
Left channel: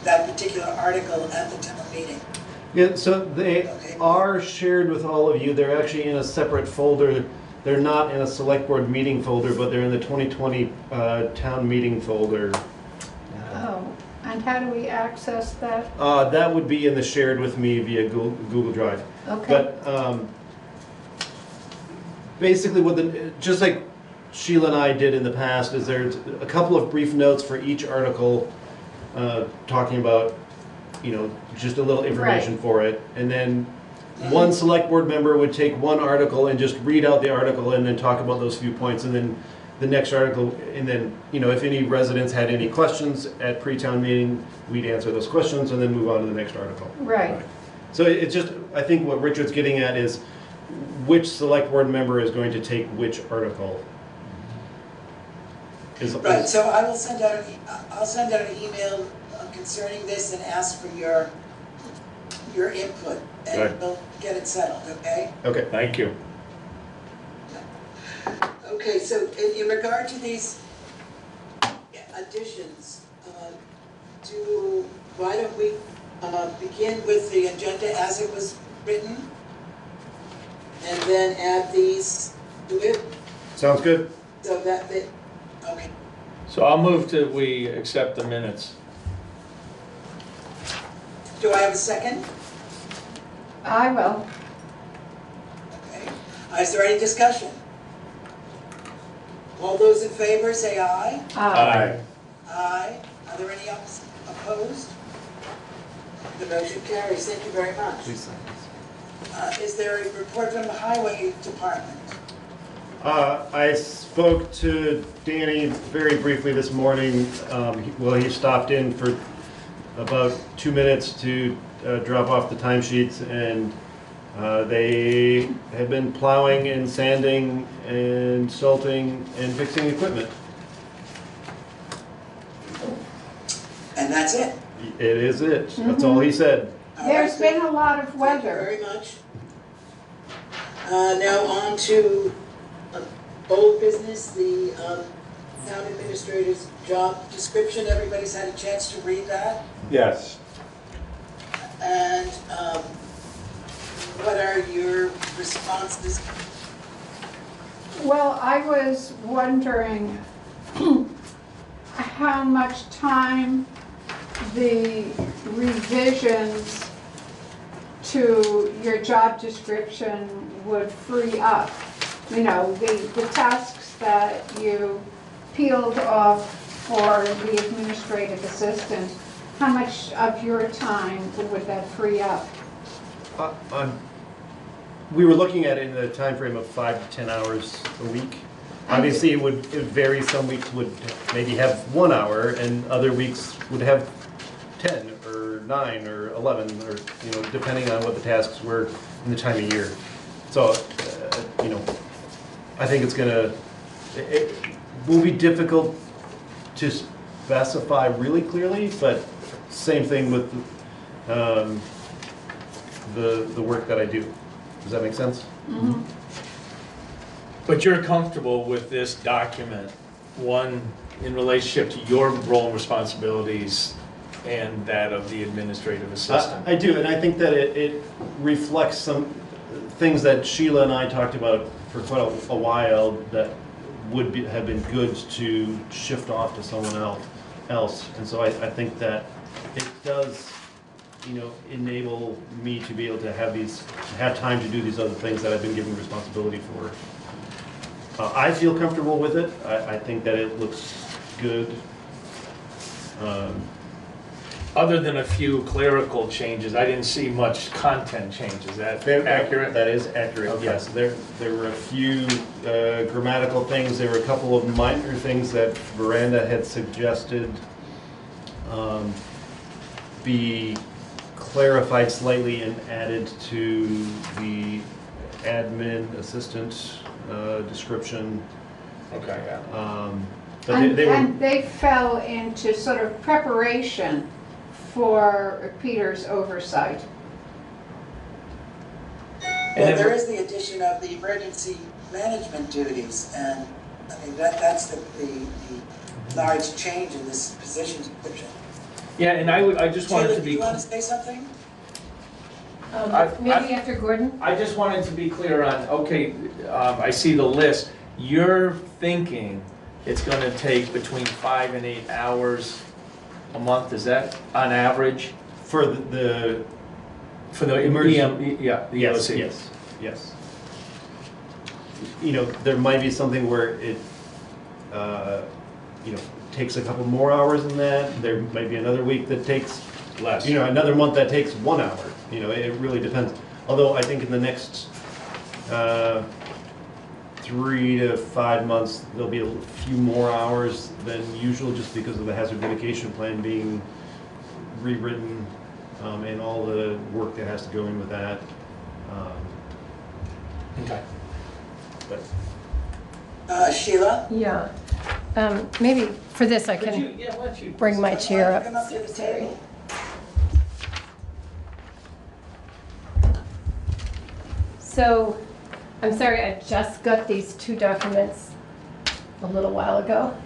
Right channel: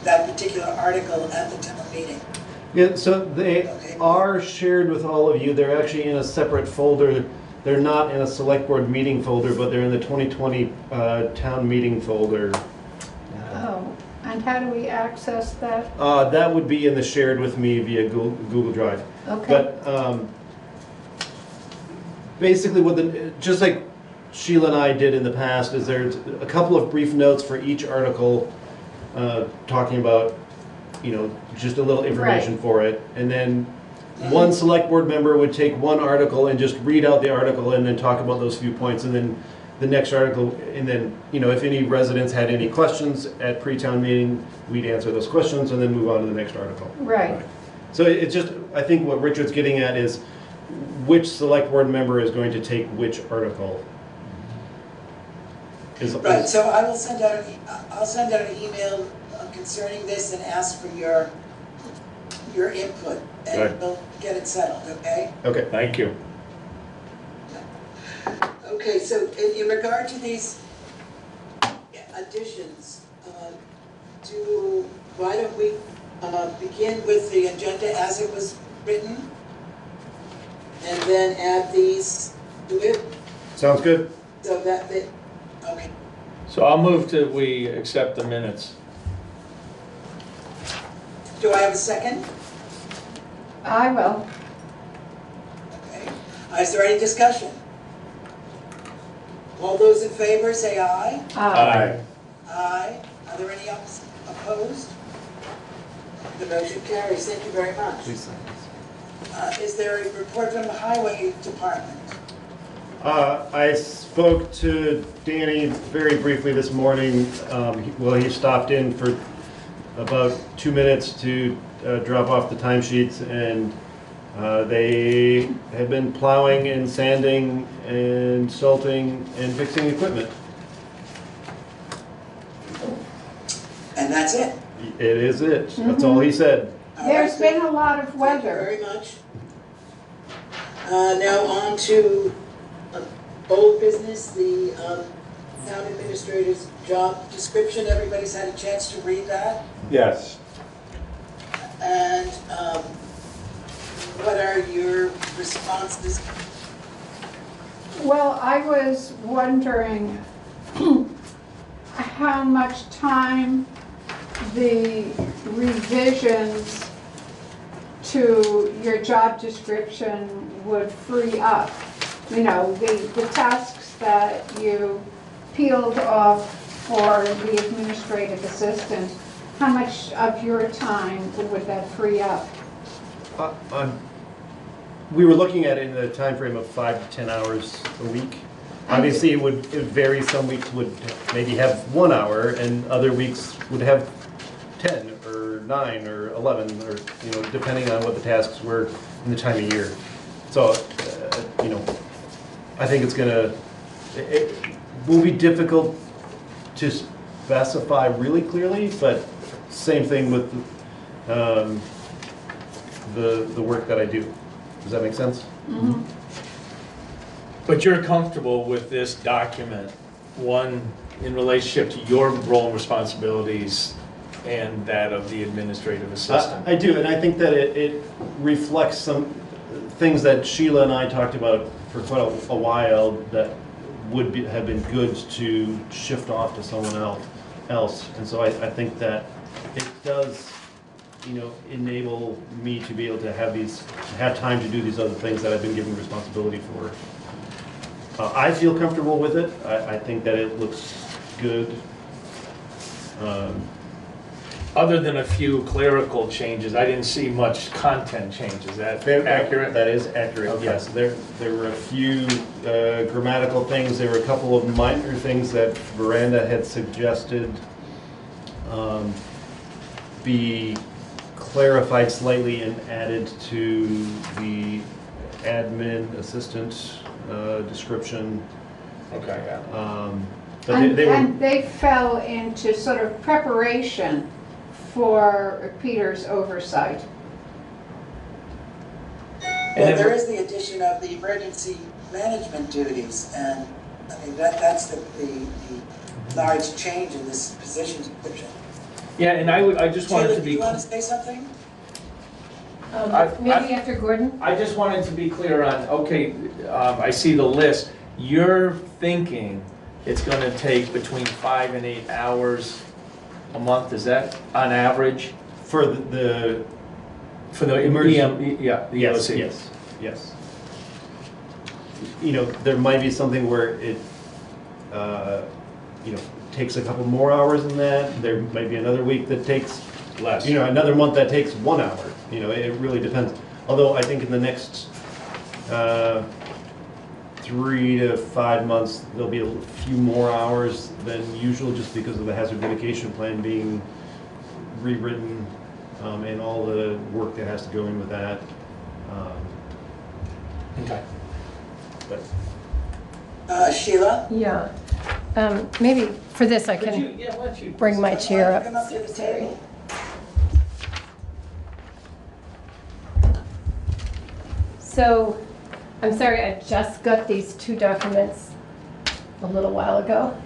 that particular article at the town meeting. Yeah, so they are shared with all of you. They're actually in a separate folder. They're not in a select board meeting folder, but they're in the 2020 town meeting folder. Oh, and how do we access that? That would be in the shared with me via Google Drive. Okay. But basically, just like Sheila and I did in the past, is there's a couple of brief notes for each article, talking about, just a little information for it, and then one select board member would take one article and just read out the article and then talk about those few points, and then the next article, and then, if any residents had any questions at pre-town meeting, we'd answer those questions and then move on to the next article. Right. So it's just, I think what Richard's getting at is which select board member is going to take which article. Right, so I'll send out an email concerning this and ask for your input, and we'll get it settled, okay? Okay. Thank you. Okay, so in regard to these additions, why don't we begin with the agenda as it was written, and then add these to it? Sounds good. So okay. So I'll move that we accept the minutes. Do I have a second? I will. Okay. Is there any discussion? All those in favor say aye. Aye. Aye. Are there any opposed? The motion carries. Thank you very much. Please sign this. Is there a report from the highway department? I spoke to Danny very briefly this morning. He stopped in for about 2 minutes to drop off the timesheets, and they have been plowing and sanding and salting and fixing equipment. And that's it? It is it. That's all he said. There's been a lot of Thank you weather. very much. Now on to old business, the town administrator's job description. Everybody's had a chance to read that. Yes. And what are your responses? Well, I was wondering how much time the revisions to your job description would free up. The tasks that you peeled off for the administrative assistant, how much of your time would that free up? We were looking at it in the time frame of 5 to 10 hours a week. Obviously, it would vary. Some weeks would maybe have 1 hour, and other weeks would have 10 or 9 or 11, or depending on what the tasks were in the time of year. So, I think it will be difficult to specify really clearly, but same thing with the work that I do. Does that make sense? Mm-hmm. But you're comfortable with this document, one, in relationship to your role and responsibilities and that of the administrative assistant? I do, and I think that it reflects some things that Sheila and I talked about for quite a while that would have been good to shift off to someone else. And so I think that it does, enable me to be able to have time to do these other things that I've been given responsibility for. I feel comfortable with it. I think that it looks good. Other than a few clerical changes, I didn't see much content change. Is that accurate? That is accurate, Okay. yes. There were a few grammatical things. There were a couple of minor things that Veranda had suggested be clarified slightly and added to the admin assistant description. Okay, yeah. But And they were, and they fell into sort of preparation for Peter's oversight. Well, there is the addition of the emergency management duties, and I mean, that's the large change in this position description. Yeah, and I just wanted Sheila, to do be. you want to say something? Maybe after Gordon? I just wanted to be clear on, okay, I see the list. You're thinking it's gonna take between 5 and 8 hours a month, is that on average? for the For the Emergency- yeah, the yes, EOC. yes. You know, there might be something where it, you know, takes a couple more hours than that. There might be another week that takes Less. you know, another month that takes 1 hour. You know, it really depends. Although I think in the next 3 to 5 months, there'll be a few more hours than usual just because of the hazard mitigation plan being rewritten and all the work that has to go in with that. Okay. But Sheila? Yeah. Maybe for this I Could can you, yeah, why don't you? bring my chair up. Come up to the table. So, I'm sorry, I just got these two documents a little while ago.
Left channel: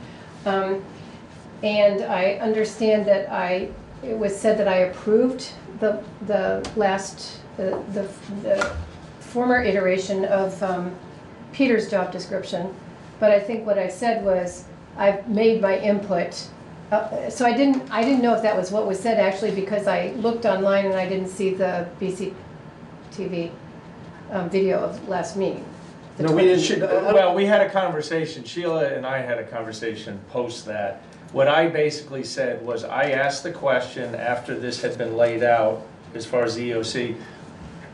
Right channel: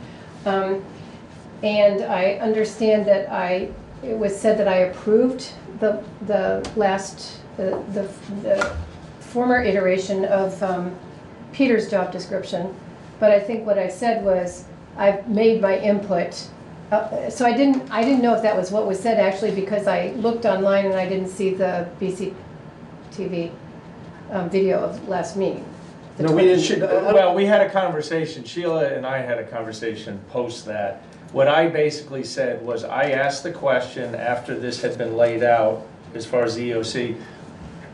And I understand that it was said that I approved the last, the former iteration of Peter's job description. But I think what I said was, I've made my input. So I didn't know if that was what was said actually, because I looked online and I didn't see the BCTV video of last meeting. The no, we 20 didn't. Well, we had a conversation, Sheila and I had a conversation post that. What I basically said was, I asked the question after this had been laid out, as far as the EOC,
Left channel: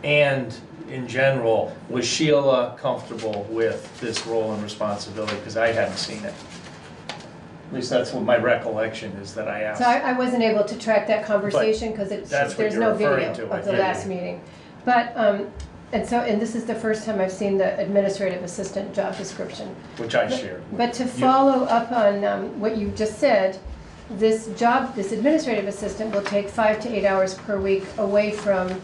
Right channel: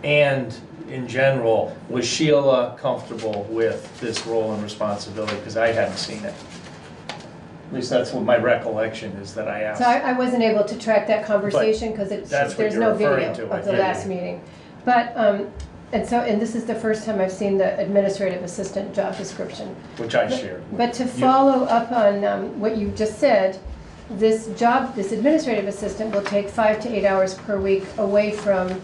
and in general, was Sheila comfortable with this role and responsibility? Because I hadn't seen it. At least that's what my recollection is, that I asked. So I wasn't able to track that conversation because that's what there's you're no referring video to, I of the think. last meeting. But, and this is the first time I've seen the administrative assistant job description. Which I shared. But to follow up on what you just said, this administrative assistant will take 5 to 8 hours per week away from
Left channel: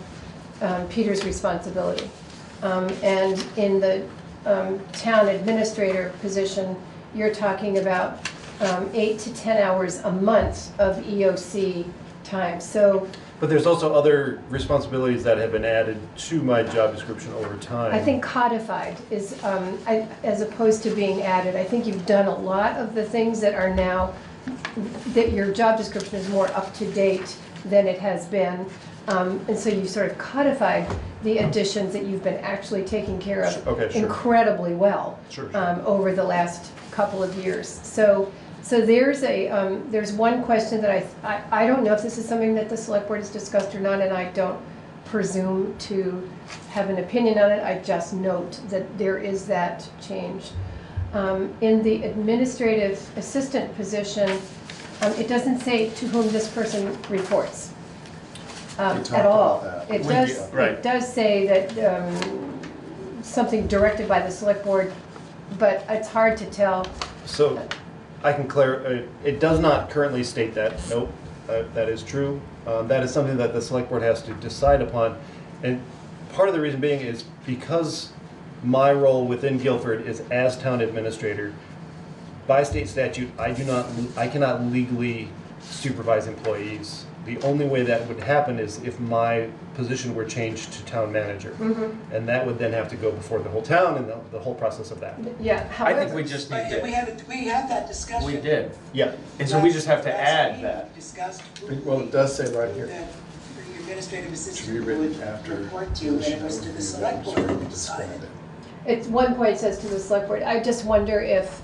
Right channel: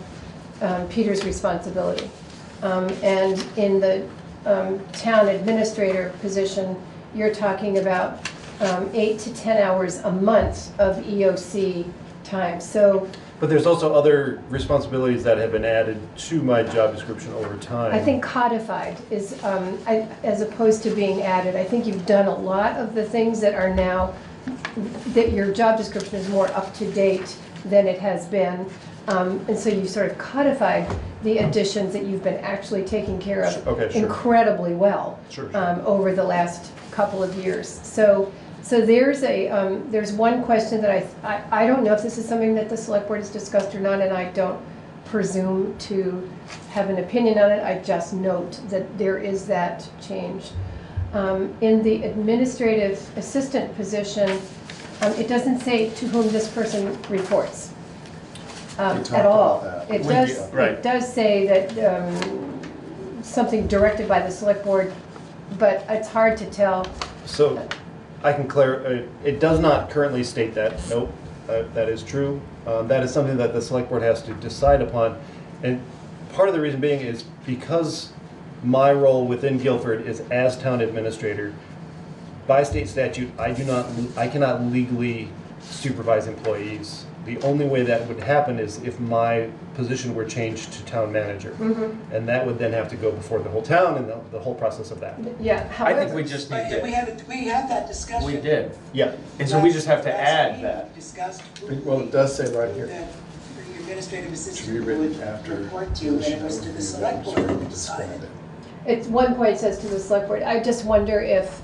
Peter's responsibility. And in the town administrator position, you're talking about 8 to 10 hours a month of EOC time. So But there's also other responsibilities that have been added to my job description over time. I think codified is, as opposed to being added, I think you've done a lot of the things that are now, that your job description is more up to date than it has been. And so you sort of codified the additions that you've been actually taking care of Okay, sure. incredibly well Sure. over the last couple of years. So there's one question that I don't know if this is something that the select board has discussed or not, and I don't presume to have an opinion on it. I just note that there is that change. In the administrative assistant position, it doesn't say to whom this person reports at all. It does say that something directed by the select board, but it's hard to tell. So I can clarify, it does not currently state that, nope, that is true. That is something that the select board has to decide upon. And part of the reason being is because my role within Guilford is as town administrator, by state statute, I cannot legally supervise employees. The only way that would happen is if my position were changed to town manager. Mm-hmm. And that would then have to go before the whole town and the whole process of that. Yeah, I think we just need to. We had that discussion. We did. Yeah. And so we just have to Last add meeting, that. we discussed Well, it does say right here. that the administrative To be assistant written would after report to, and it was to the select board that decided. At one point it says to the select board, I just wonder if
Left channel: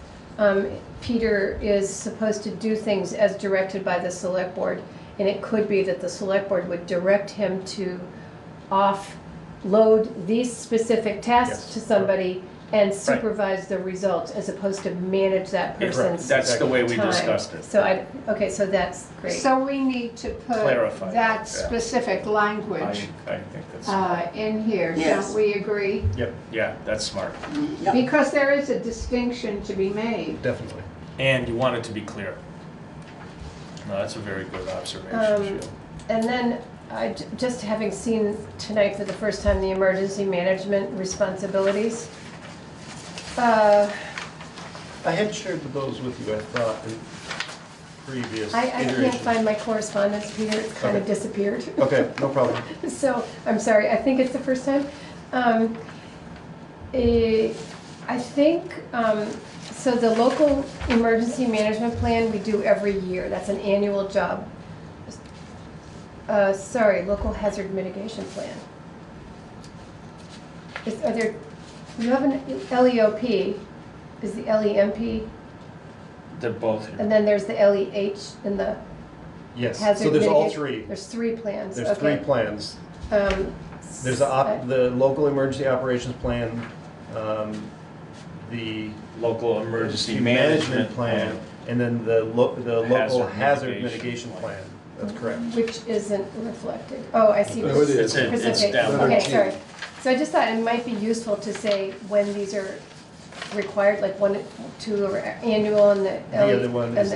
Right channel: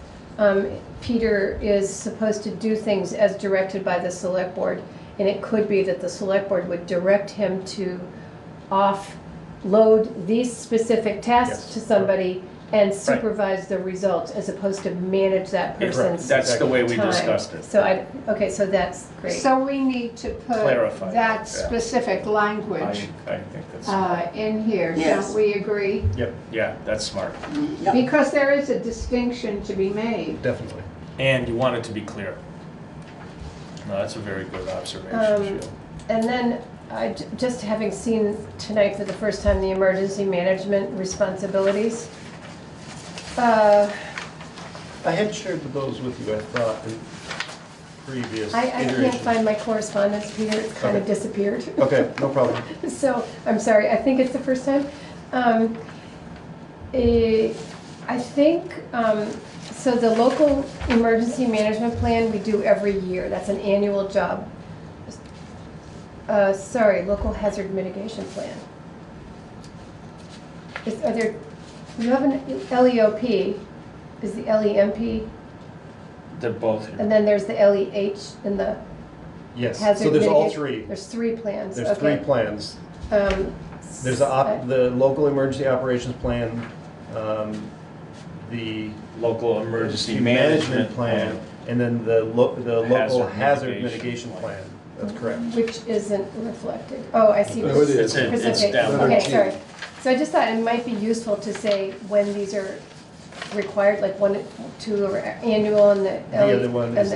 Peter is supposed to do things as directed by the select board, and it could be that the select board would direct him to offload these specific tasks Yes. to somebody and supervise the results, as opposed to manage that person's That's the way we time. discussed it. So okay, so that's great. So we need to put Clarify that, that yeah. specific language I think that's, in here, Yes. don't we agree? yep, yeah, that's smart. Yep. Because there is a distinction to be made. Definitely. And you want it to be clear. No, that's a very good observation, Sheila. And then, just having seen tonight for the first time the emergency management responsibilities, I had shared those with you, I thought, in previous I can't iterations. find my correspondence, Peter, it's kind of Okay. disappeared. Okay, no problem. So, I'm sorry, I think it's the first time. I think, so the local emergency management plan we do every year, that's an annual job. Sorry, local hazard mitigation plan. Are there, you have an LEOP, is the LEMP, They're both here. and then there's the LEH in the Yes, hazard so there's all mitigation- three. There's 3 plans, There's 3 okay. plans. Um, There's the local emergency operations plan, the Local emergency management plan, and then the local Hazard hazard mitigation mitigation plan. That's correct. Which isn't reflected. Oh, I see. No, it is. It's Presentation. down Okay, below. sorry. So I just thought it might be useful to say when these are required, like 1, 2 are annual and the The other one is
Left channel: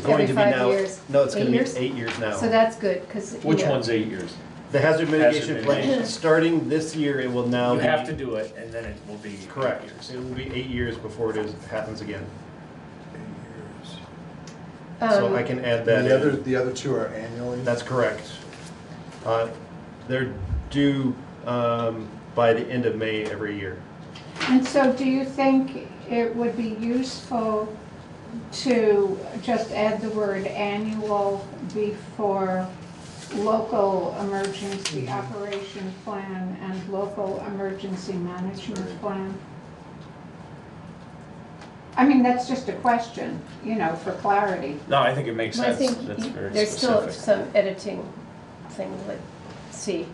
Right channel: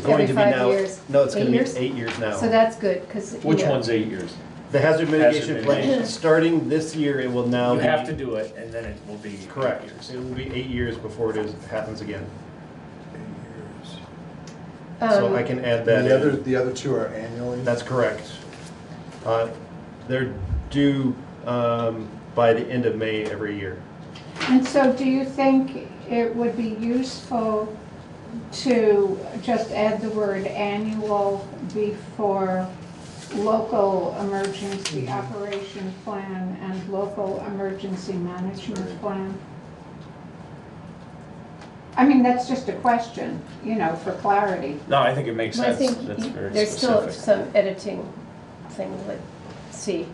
going every to be 5 now, years. no, it's 8 going to years? be 8 years now. So that's good, because. Which one's 8 years? The hazard mitigation Hazard plan, mitigation. starting this year, it will now You be. have to do it, and then it will be 8 Correct. years. It will be 8 years before happens again. So I can add that in. The other 2 are annually? That's correct. They're due by the end of May every year. And so do you think it would be useful to just add the word annual before local emergency operation plan and local emergency management plan? I mean, that's just a question, for clarity. No, I think it makes Well, I sense. think That's very there's still specific. some editing things, let's see.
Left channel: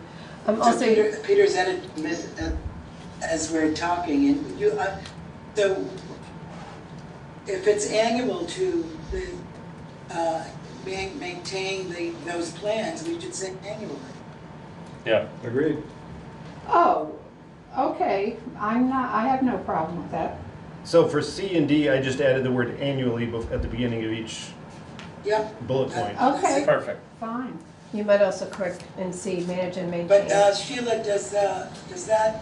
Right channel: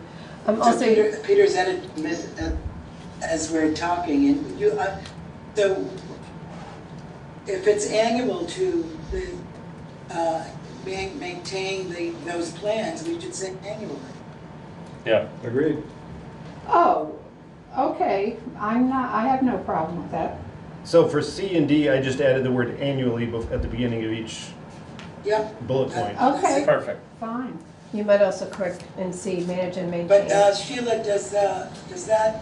So Also, Peter's edit, as we're talking, and so if it's annual to maintain those plans, we should say annually. Yeah. Agreed. Oh, okay, I have no problem with that. So for C and D, I just added the word annually at the beginning of each Yep. bullet point. Okay, Perfect. fine. you might also correct and see, manage and maintain. But Sheila, does that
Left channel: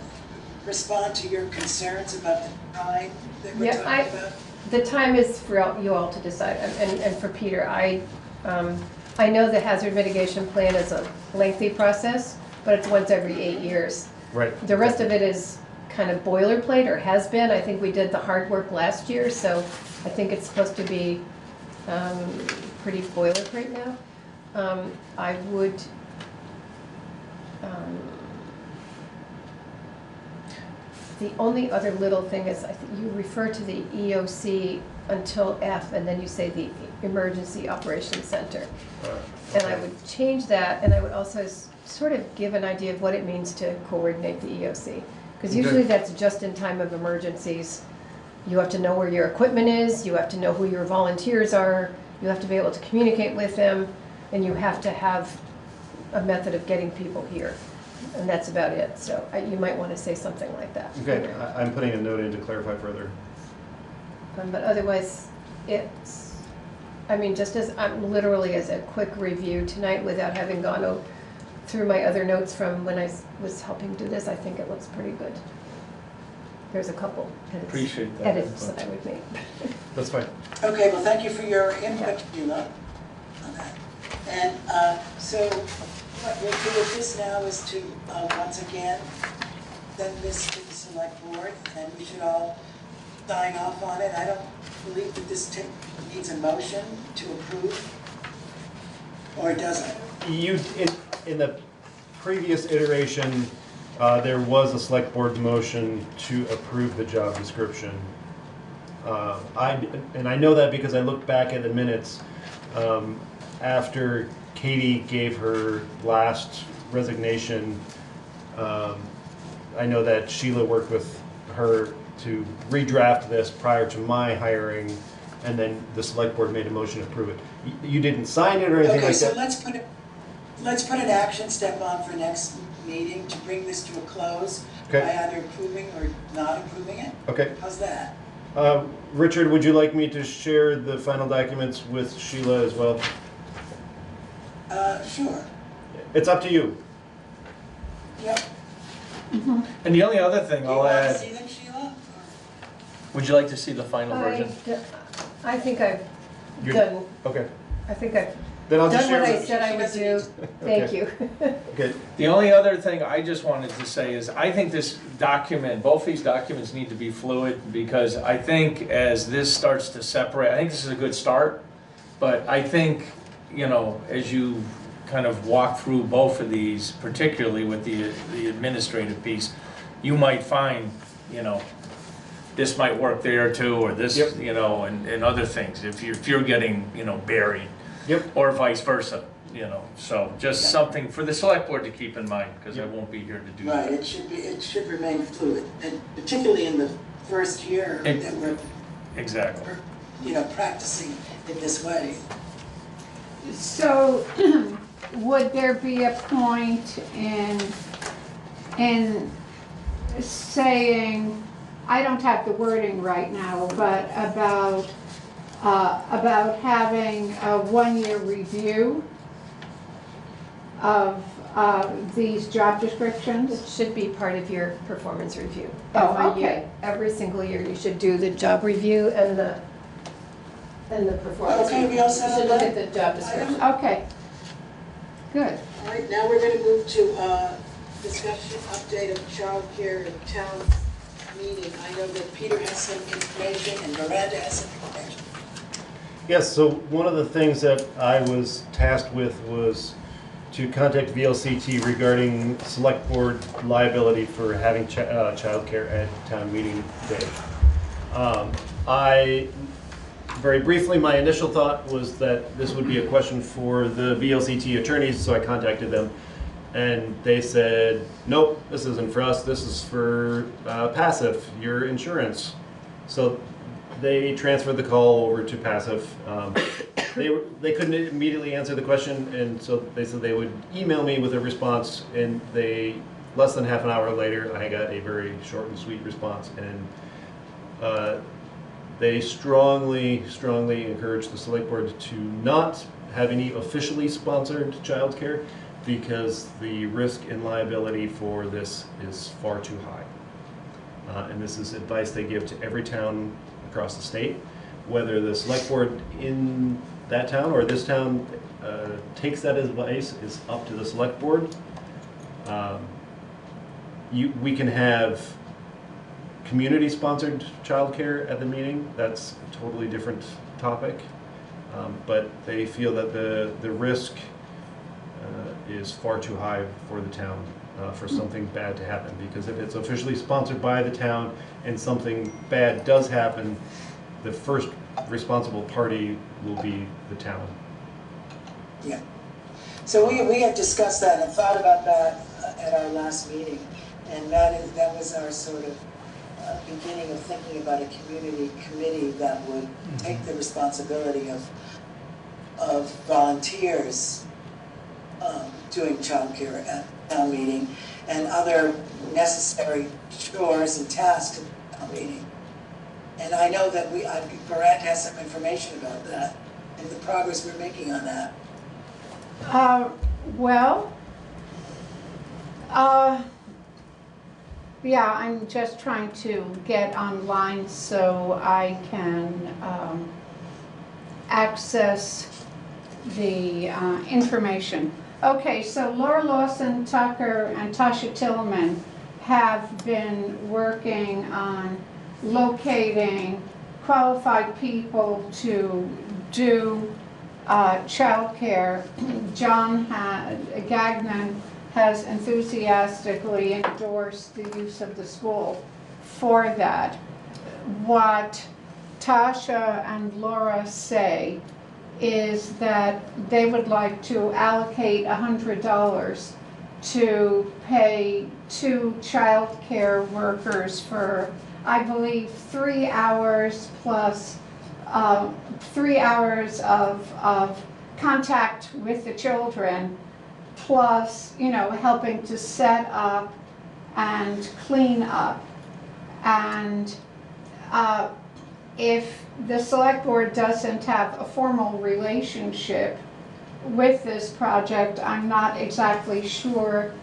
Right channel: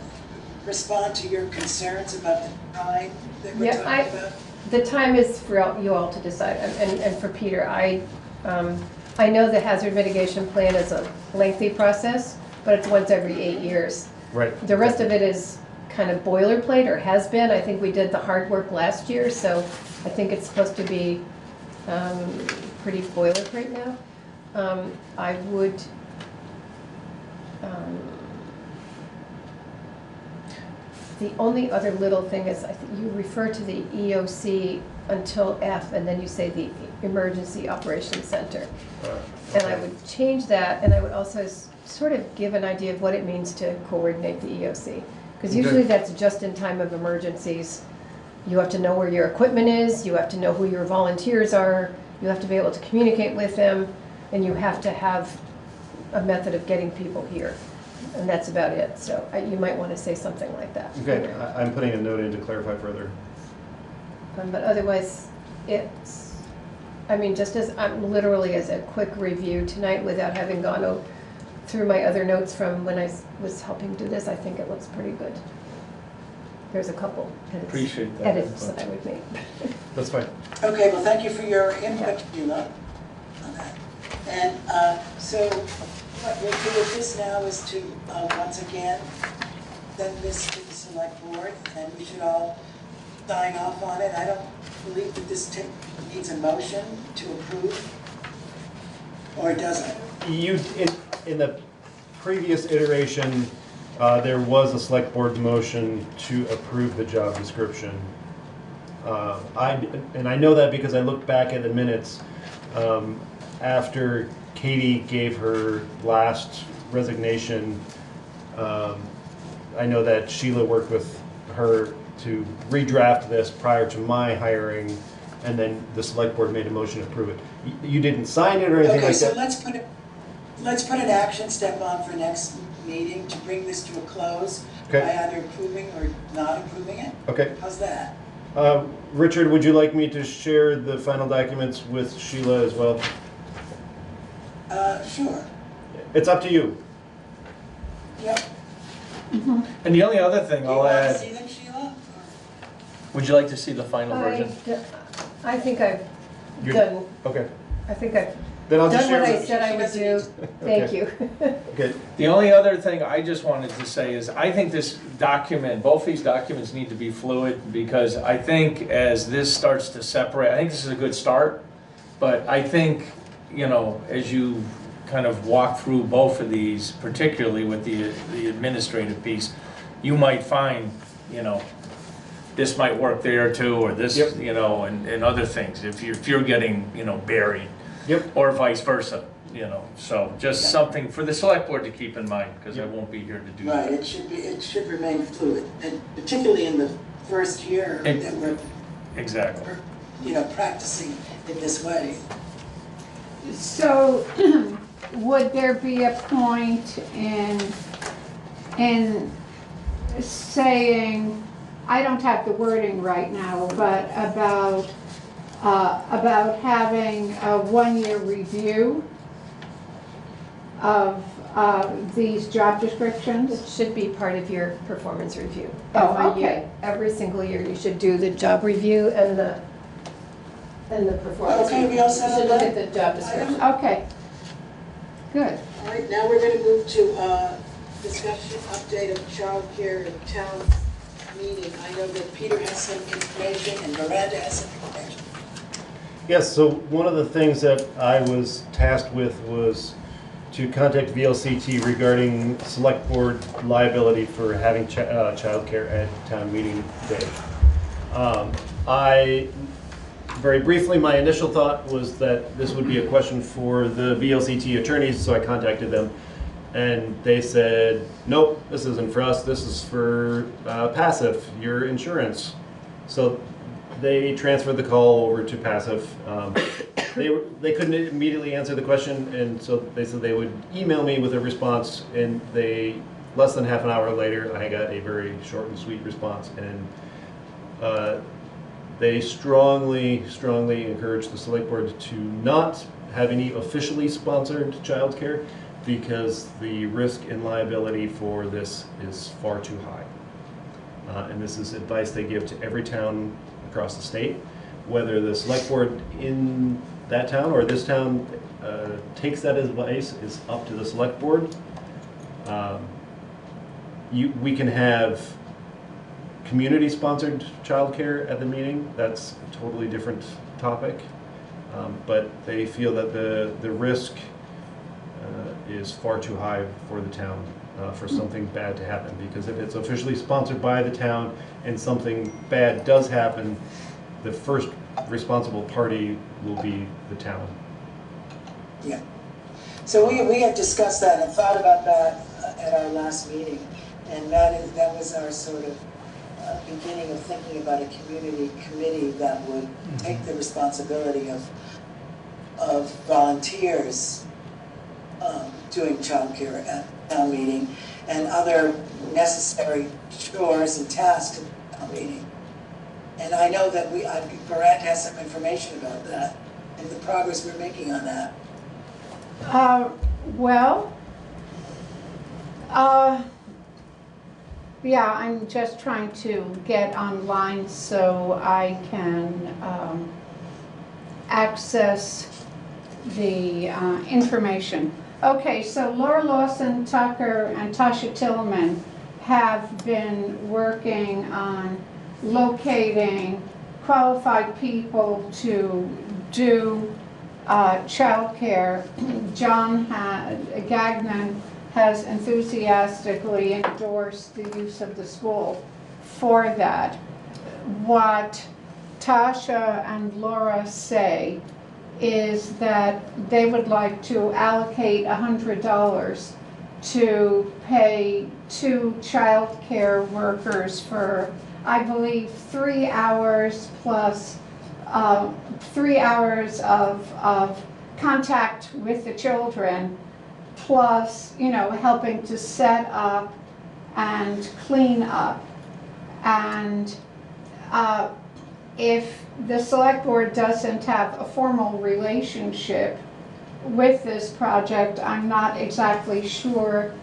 respond to your concerns about the time that we're Yeah, talking about? The time is for you all to decide, and for Peter, I know the hazard mitigation plan is a lengthy process, but it's once every 8 years. Right. The rest of it is kind of boilerplate, or has been. I think we did the hard work last year, so I think it's supposed to be pretty boilerplate now. I would, the only other little thing is, I think you refer to the EOC until F, and then you say the Emergency Operations Center. And I would change that, and I would also sort of give an idea of what it means to coordinate the EOC. Because usually that's just in time of emergencies. You have to know where your equipment is, you have to know who your volunteers are, you have to be able to communicate with them, and you have to have a method of getting people here. And that's about it, so you might want to say something like that. Okay, I'm putting a note in to clarify further. But otherwise, it's, just as, literally as a quick review tonight without having gone through my other notes from when I was helping do this, I think it looks pretty good. There's a couple Appreciate that edits input. that I would make. That's fine. Okay, well, thank you for your input, Sheila, on that. And so what we'll do with this now is to, once again, send this to the select board, and we should all sign off on it. I don't believe that this needs a motion to approve, or does it? In the previous iteration, There was a select board motion to approve the job description. And I know that because I looked back at the minutes after Katie gave her last resignation. I know that Sheila worked with her to redraft this prior to my hiring, and then the select board made a motion to approve it. You didn't sign it or anything Okay, like so that? let's put an action step on for next meeting to bring this to a close by Okay. either approving or not approving it. Okay. How's that? Richard, would you like me to share the final documents with Sheila as well? Sure. It's up to you. Yep. And the only other thing Do you I'll want to add, see them, Sheila? would you like to see the final version? I think I've You're- done, Okay. I think I've Then I'll just done share what I with- said I would do. Thank you. Okay. The only other thing I just wanted to say is, I think this document, both these documents need to be fluid, because I think as this starts to separate, I think this is a good start, but I think, you know, as you kind of walk through both of these, particularly with the administrative piece, you might find, you know, this might work there too, or this, Yep. you know, and other things, if you're getting, you know, buried. Yep. Or vice versa, you know, so just something for the select board to keep in mind, because I won't be here to do Right, that. it should remain fluid, and particularly in the first year Ex- that we're, Exactly. you know, practicing in this way. So, would there be a point in saying, I don't have the wording right now, but about having a one-year review of these job It descriptions? should be part of your performance review. Oh, Every year, okay. every single year, you should do the job review and the performance Okay, review. we all set You should on look at that? the job description. Okay, good. All right, now we're gonna move to discussion update of childcare in town meeting. I know that Peter has some information and Miranda has some information. Yes, so one of the things that I was tasked with was to contact VLCT regarding select board liability for having childcare at town meeting day. Very briefly, my initial thought was that this would be a question for the VLCT attorneys, so I contacted them. And they said, nope, this isn't for us, this is for Passive, your insurance. So they transferred the call over to Passive. They couldn't immediately answer the question, and so they said they would email me with a response, and less than half an hour later, I got a very short and sweet response. And they strongly encourage the select board to not have any officially sponsored childcare, because the risk and liability for this is far too high. And this is advice they give to every town across the state. Whether the select board in that town or this town takes that advice is up to the select board. We can have community-sponsored childcare at the meeting. That's a totally different topic. But they feel that the risk is far too high for the town for something bad to happen. Because if it's officially sponsored by the town and something bad does happen, the first responsible party will be the town. Yeah. So we had discussed that and thought about that at our last meeting. And that was our sort of beginning of thinking about a community committee that would take the responsibility of volunteers doing childcare at town meeting and other necessary chores and tasks at town meeting. And I know that Bratt has some information about that and the progress we're making on that. Yeah, I'm just trying to get online so I can access the information. Okay, so Laura Lawson Tucker and Tasha Tillman have been working on locating qualified people to do childcare. John Gagnon has enthusiastically endorsed the use of the school for that. What Tasha and Laura say is that they would like to allocate $100 to pay 2 childcare workers for, I believe, 3 hours plus 3 hours of contact with the children, plus, you know, helping to set up and clean up. And if the select board doesn't have a formal relationship with this project, I'm not exactly sure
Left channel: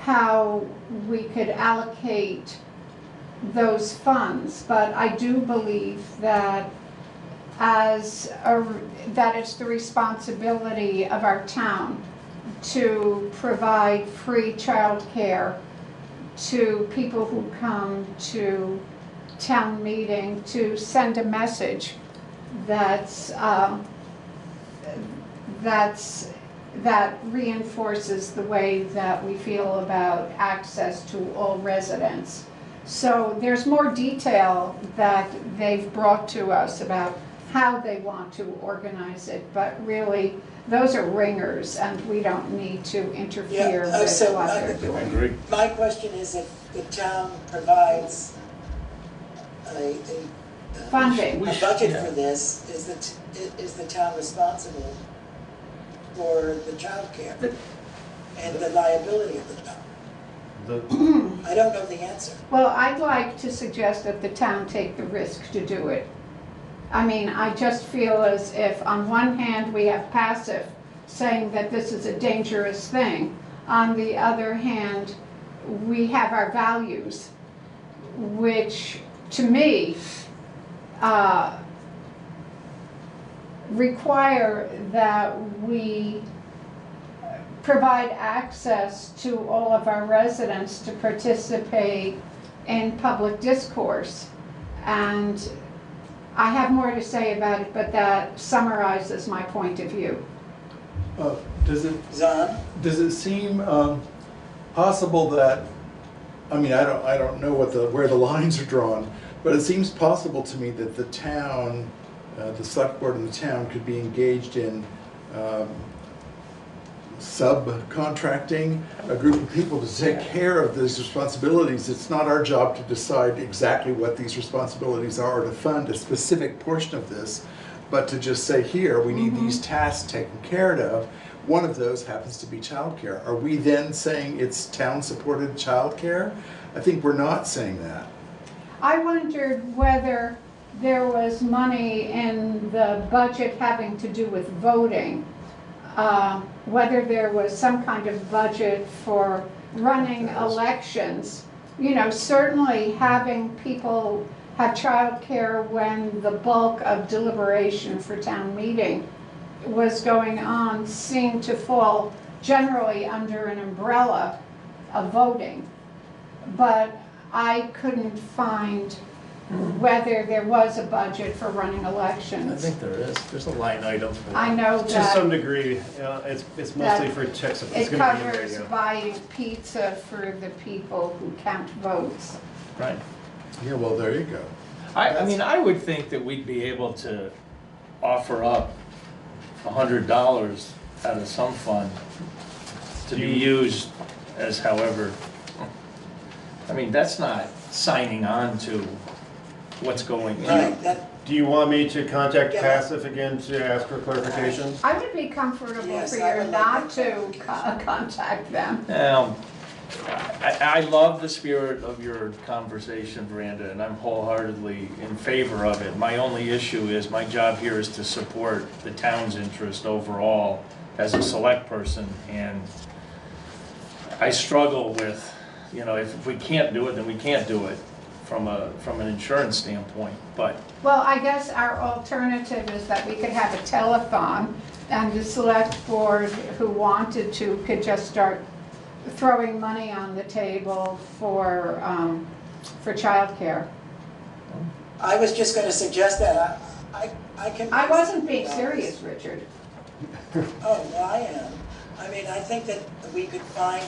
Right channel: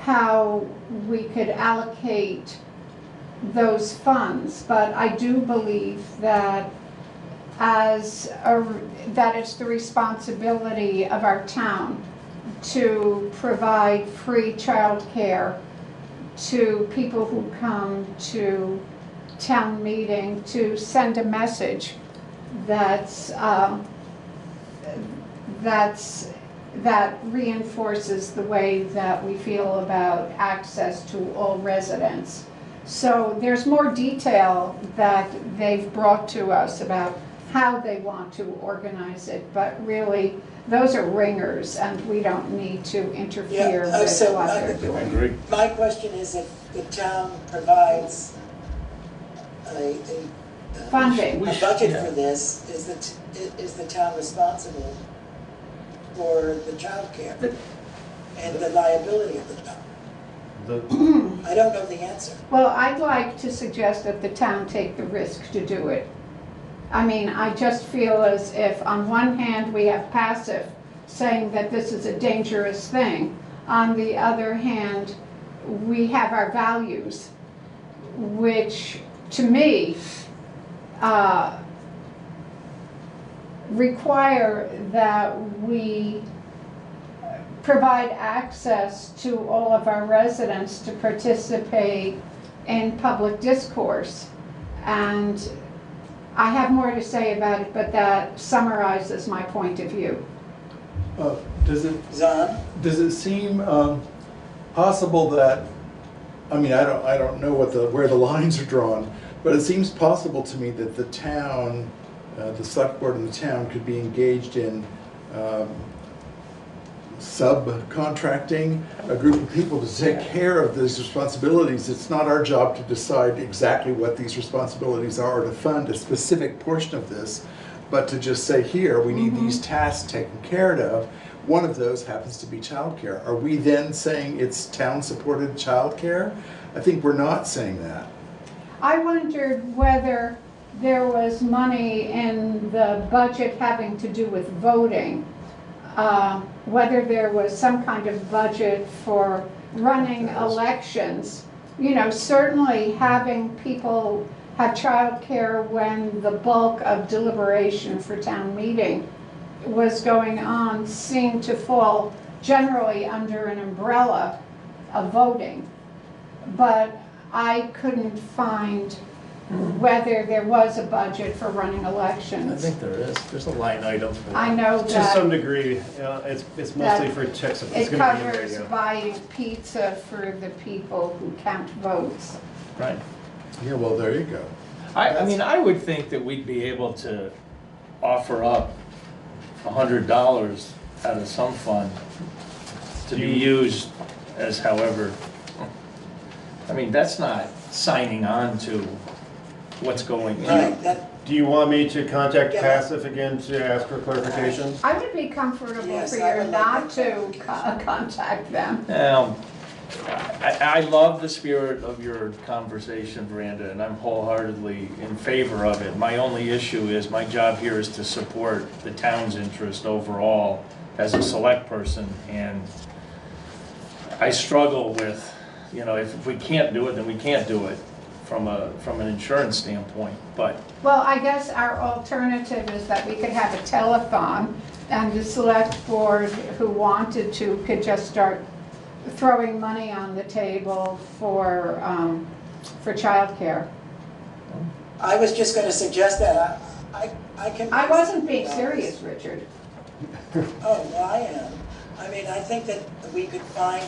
how we could allocate those funds, but I do believe that that it's the responsibility of our town to provide free childcare to people who come to town meeting, to send a message that reinforces the way that we feel about access to all residents. So there's more detail that they've brought to us about how they want to organize it, but really those are ringers and we don't need to interfere with what they're doing. My question is, if the town provides a funding, a budget for this, is the town responsible for the childcare and the liability of the town? I don't know the answer. Well, I'd like to suggest that the town take the risk to do it. I mean, I just feel as if on one hand we have passive saying that this is a dangerous thing. On the other hand, we have our values, which to me require that we provide access to all of our residents to participate in public discourse. And I have more to say about it, but that summarizes my point of view. Does it seem possible that, I mean, I don't know where the lines are drawn, but it seems possible to me that the town, the select board in the town could be engaged in subcontracting a group of people to take care of these responsibilities. It's not our job to decide exactly what these responsibilities are or to fund a specific portion of this, but to just say, here, we need these tasks taken care of. One of those happens to be childcare. Are we then saying it's town-supported childcare? I think we're not saying that. I wondered whether there was money in the budget having to do with voting, whether there was some kind of budget for running elections. You know, certainly having people have childcare when the bulk of deliberation for town meeting was going on seemed to fall generally under an umbrella of voting. But I couldn't find whether there was a budget for running elections. I think there is. There's a line item for that. I know that. To some degree, it's mostly for checks. It covers buying pizza for the people who count votes. Right. Yeah, well, there you go. I mean, I would think that we'd be able to offer up $100 out of some fund to be used as however. I mean, that's not signing on to what's going on. Do you want me to contact Passive again to ask for clarification? I would be comfortable for you not to contact them. I love the spirit of your conversation, Miranda, and I'm wholeheartedly in favor of it. My only issue is my job here is to support the town's interest overall as a select person, and I struggle with, you know, if we can't do it, then we can't do it from an insurance standpoint, but. Well, I guess our alternative is that we could have a telethon, and the select board who wanted to could just start throwing money on the table for childcare. I was just going to suggest that. I can. I wasn't being serious, Richard. Oh, well, I am. I mean, I think that we could find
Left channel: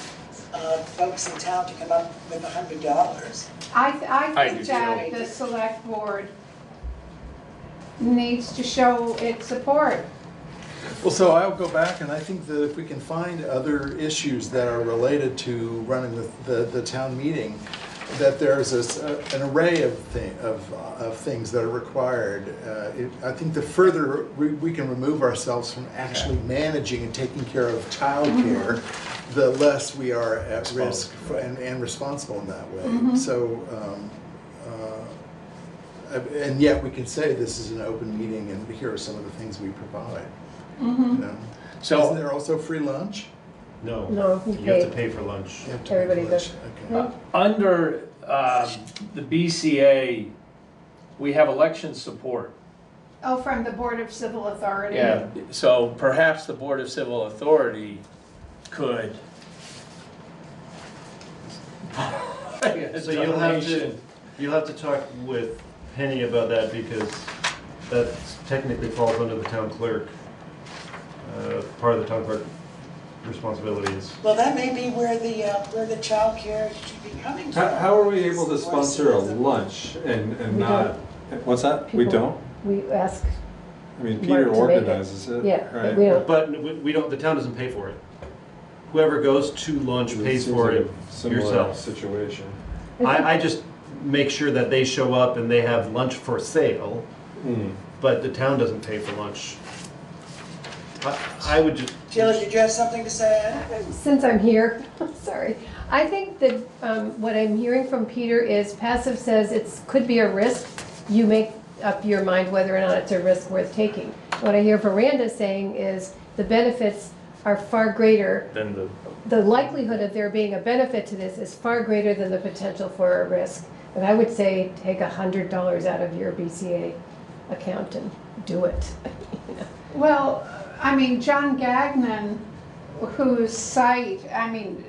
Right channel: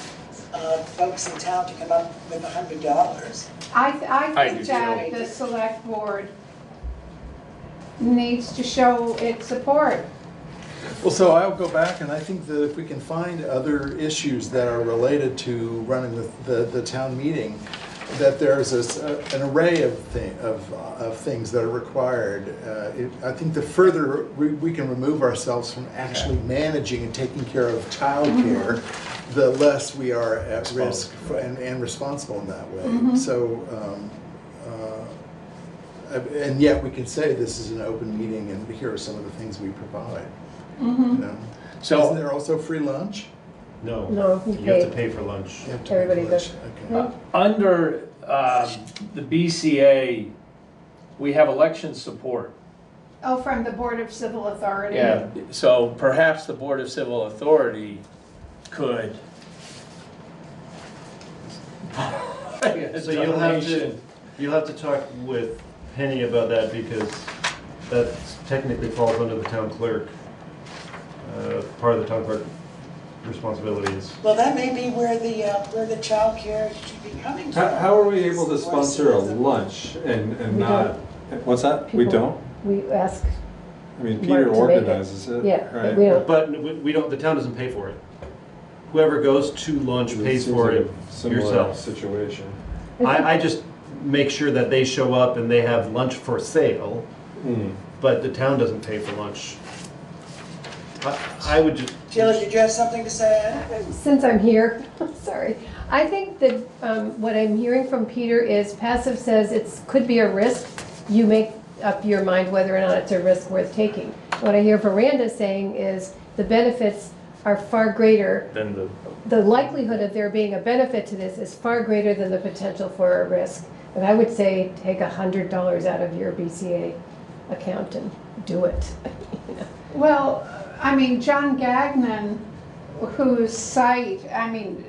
folks in town to come up with $100. I I think do that the select board needs to show its support. Well, so I'll go back, and I think that if we can find other issues that are related to running the town meeting, that there's an array of things that are required. I think the further we can remove ourselves from actually managing and taking care of childcare, the less we are at risk and responsible in that way. So, and yet we can say this is an open meeting, and here are some of the things we provide. You know? So- Isn't there also free lunch? No. No, you You have to pay. pay for lunch. You have to pay for Everybody lunch. does. Okay. Under the BCA, we have election support. Oh, from the Board of Civil Authority. Yeah, so perhaps the Board of Civil Authority could. So you'll have to talk with Penny about that, because that technically falls under the town clerk. Part of the town clerk responsibilities. Well, that may be where the childcare should be coming from. How are we able to sponsor a lunch and We not, what's that? We People- don't? We ask, I mean, Mark Peter to make it. organizes it, Yeah, but right? we don't. But we don't, the town doesn't pay for it. Whoever goes to lunch pays Seems for like it a similar yourself. situation. I just make sure that they show up and they have lunch for sale, but the town doesn't pay for lunch. I would just, Sheila, did you have something to say? since I'm here, sorry. I think that what I'm hearing from Peter is passive says it could be a risk. You make up your mind whether or not it's a risk worth taking. What I hear Veranda saying is the benefits are far greater. Then The likelihood of there being a benefit to this is far greater than the potential for a risk. And I would say take $100 out of your BCA account and do it. Well, I mean, John Gagnon, whose site, I mean,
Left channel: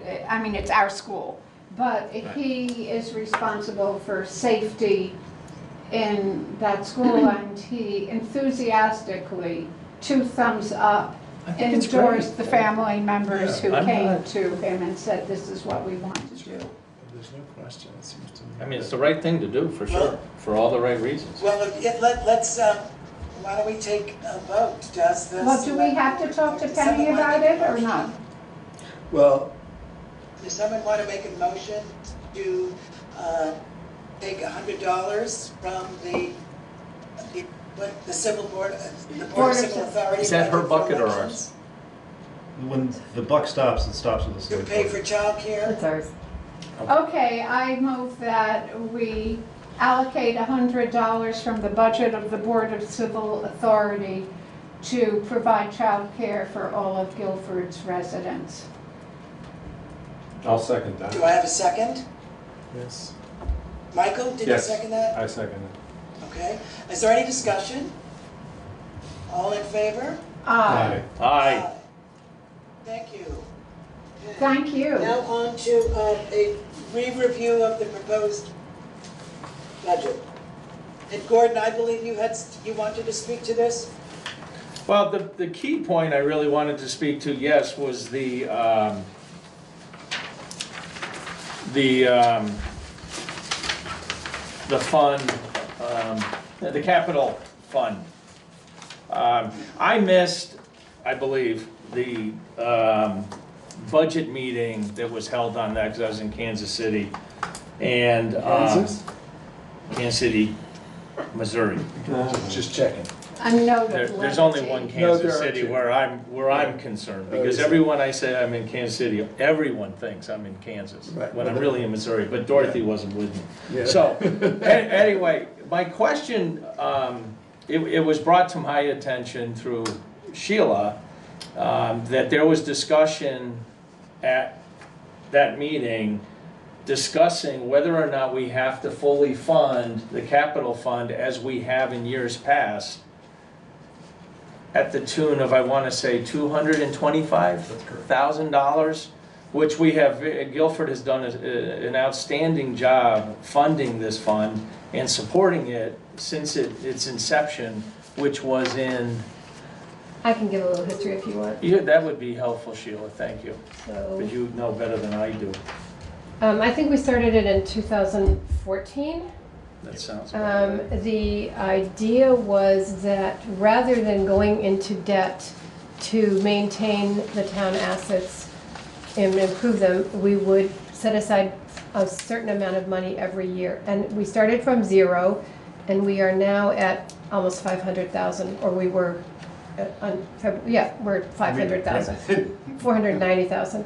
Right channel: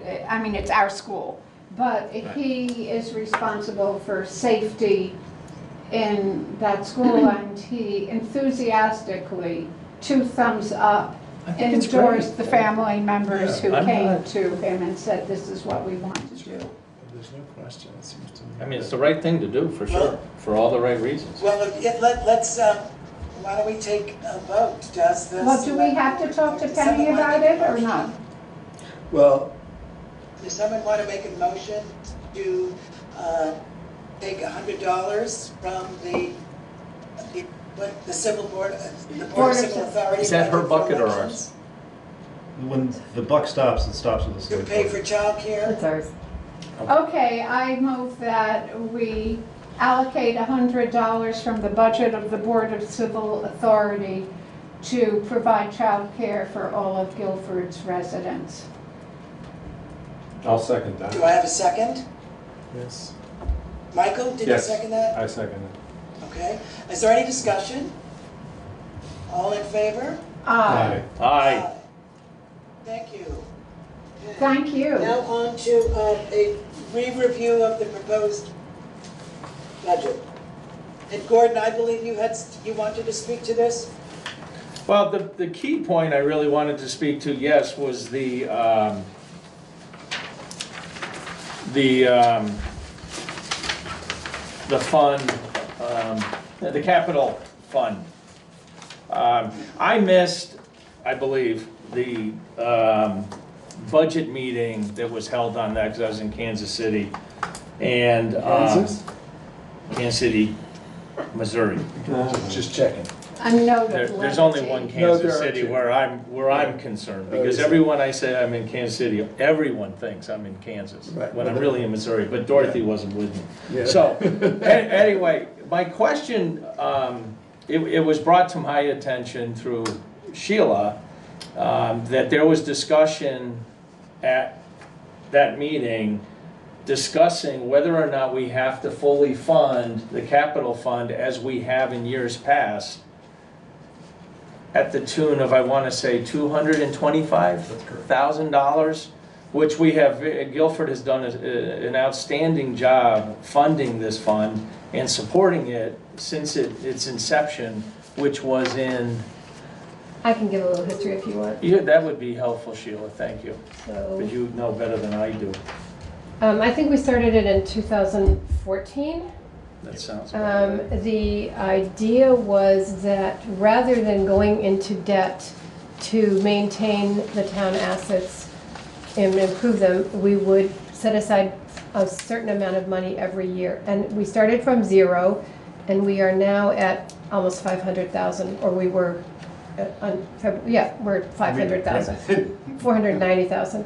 it's our school, but he is responsible for safety in that school, and he enthusiastically, 2 thumbs up, I think it's great. endorsed the family members who I'm came not- to him and said, this is what we want to do. There's no question, it seems to me. I mean, it's the right thing to do, for sure, for all the right reasons. Well, let's, why don't we take a vote? Does the... Well, do we have to talk to Penny about it or not? Well, Does someone want to make a motion to take $100 from the civil board, the Board of Civil Authority? Is that her for bucket or elections, ours? when the buck stops, it stops with the To select pay board. for childcare? That's ours. Okay, I move that we allocate $100 from the budget of the Board of Civil Authority to provide childcare for all of Guilford's residents. I'll second that. Do I have a second? yes. Michael, did you Yes, second that? I second it. Okay. Is there any discussion? All in favor? Aye. Aye. Thank you. Thank you. Now on to a re-review of the proposed budget. And Gordon, I believe you wanted to speak to this? Well, the key point I really wanted to speak to, yes, was the fund, the capital fund. I missed, I believe, the budget meeting that was held on that, because I was in Kansas City. And Kansas? Kansas City, Missouri. Just checking. A note of There's only levity. one No, Kansas there are City two. where I'm concerned, because is it? everyone I say I'm in Kansas City, everyone thinks I'm in Kansas, Right. when I'm really in Missouri, but Dorothy wasn't with me. Yeah. So, anyway, my question, it was brought to my attention through Sheila, that there was discussion at that meeting discussing whether or not we have to fully fund the capital fund as we have in years past, at the tune of, I want to say, $225,000, which we have, Guilford has done an outstanding job funding this fund and supporting it since its inception, which was in I can give a little history if you want. Yeah, that would be helpful, Sheila, thank you, So, because you know better than I do. I think we started it in 2014. That sounds about right. The idea was that rather than going into debt to maintain the town assets and improve them, we would set aside a certain amount of money every year. And we started from zero, and we are now at almost 500,000, or we were, we're at 500,000, 490,000.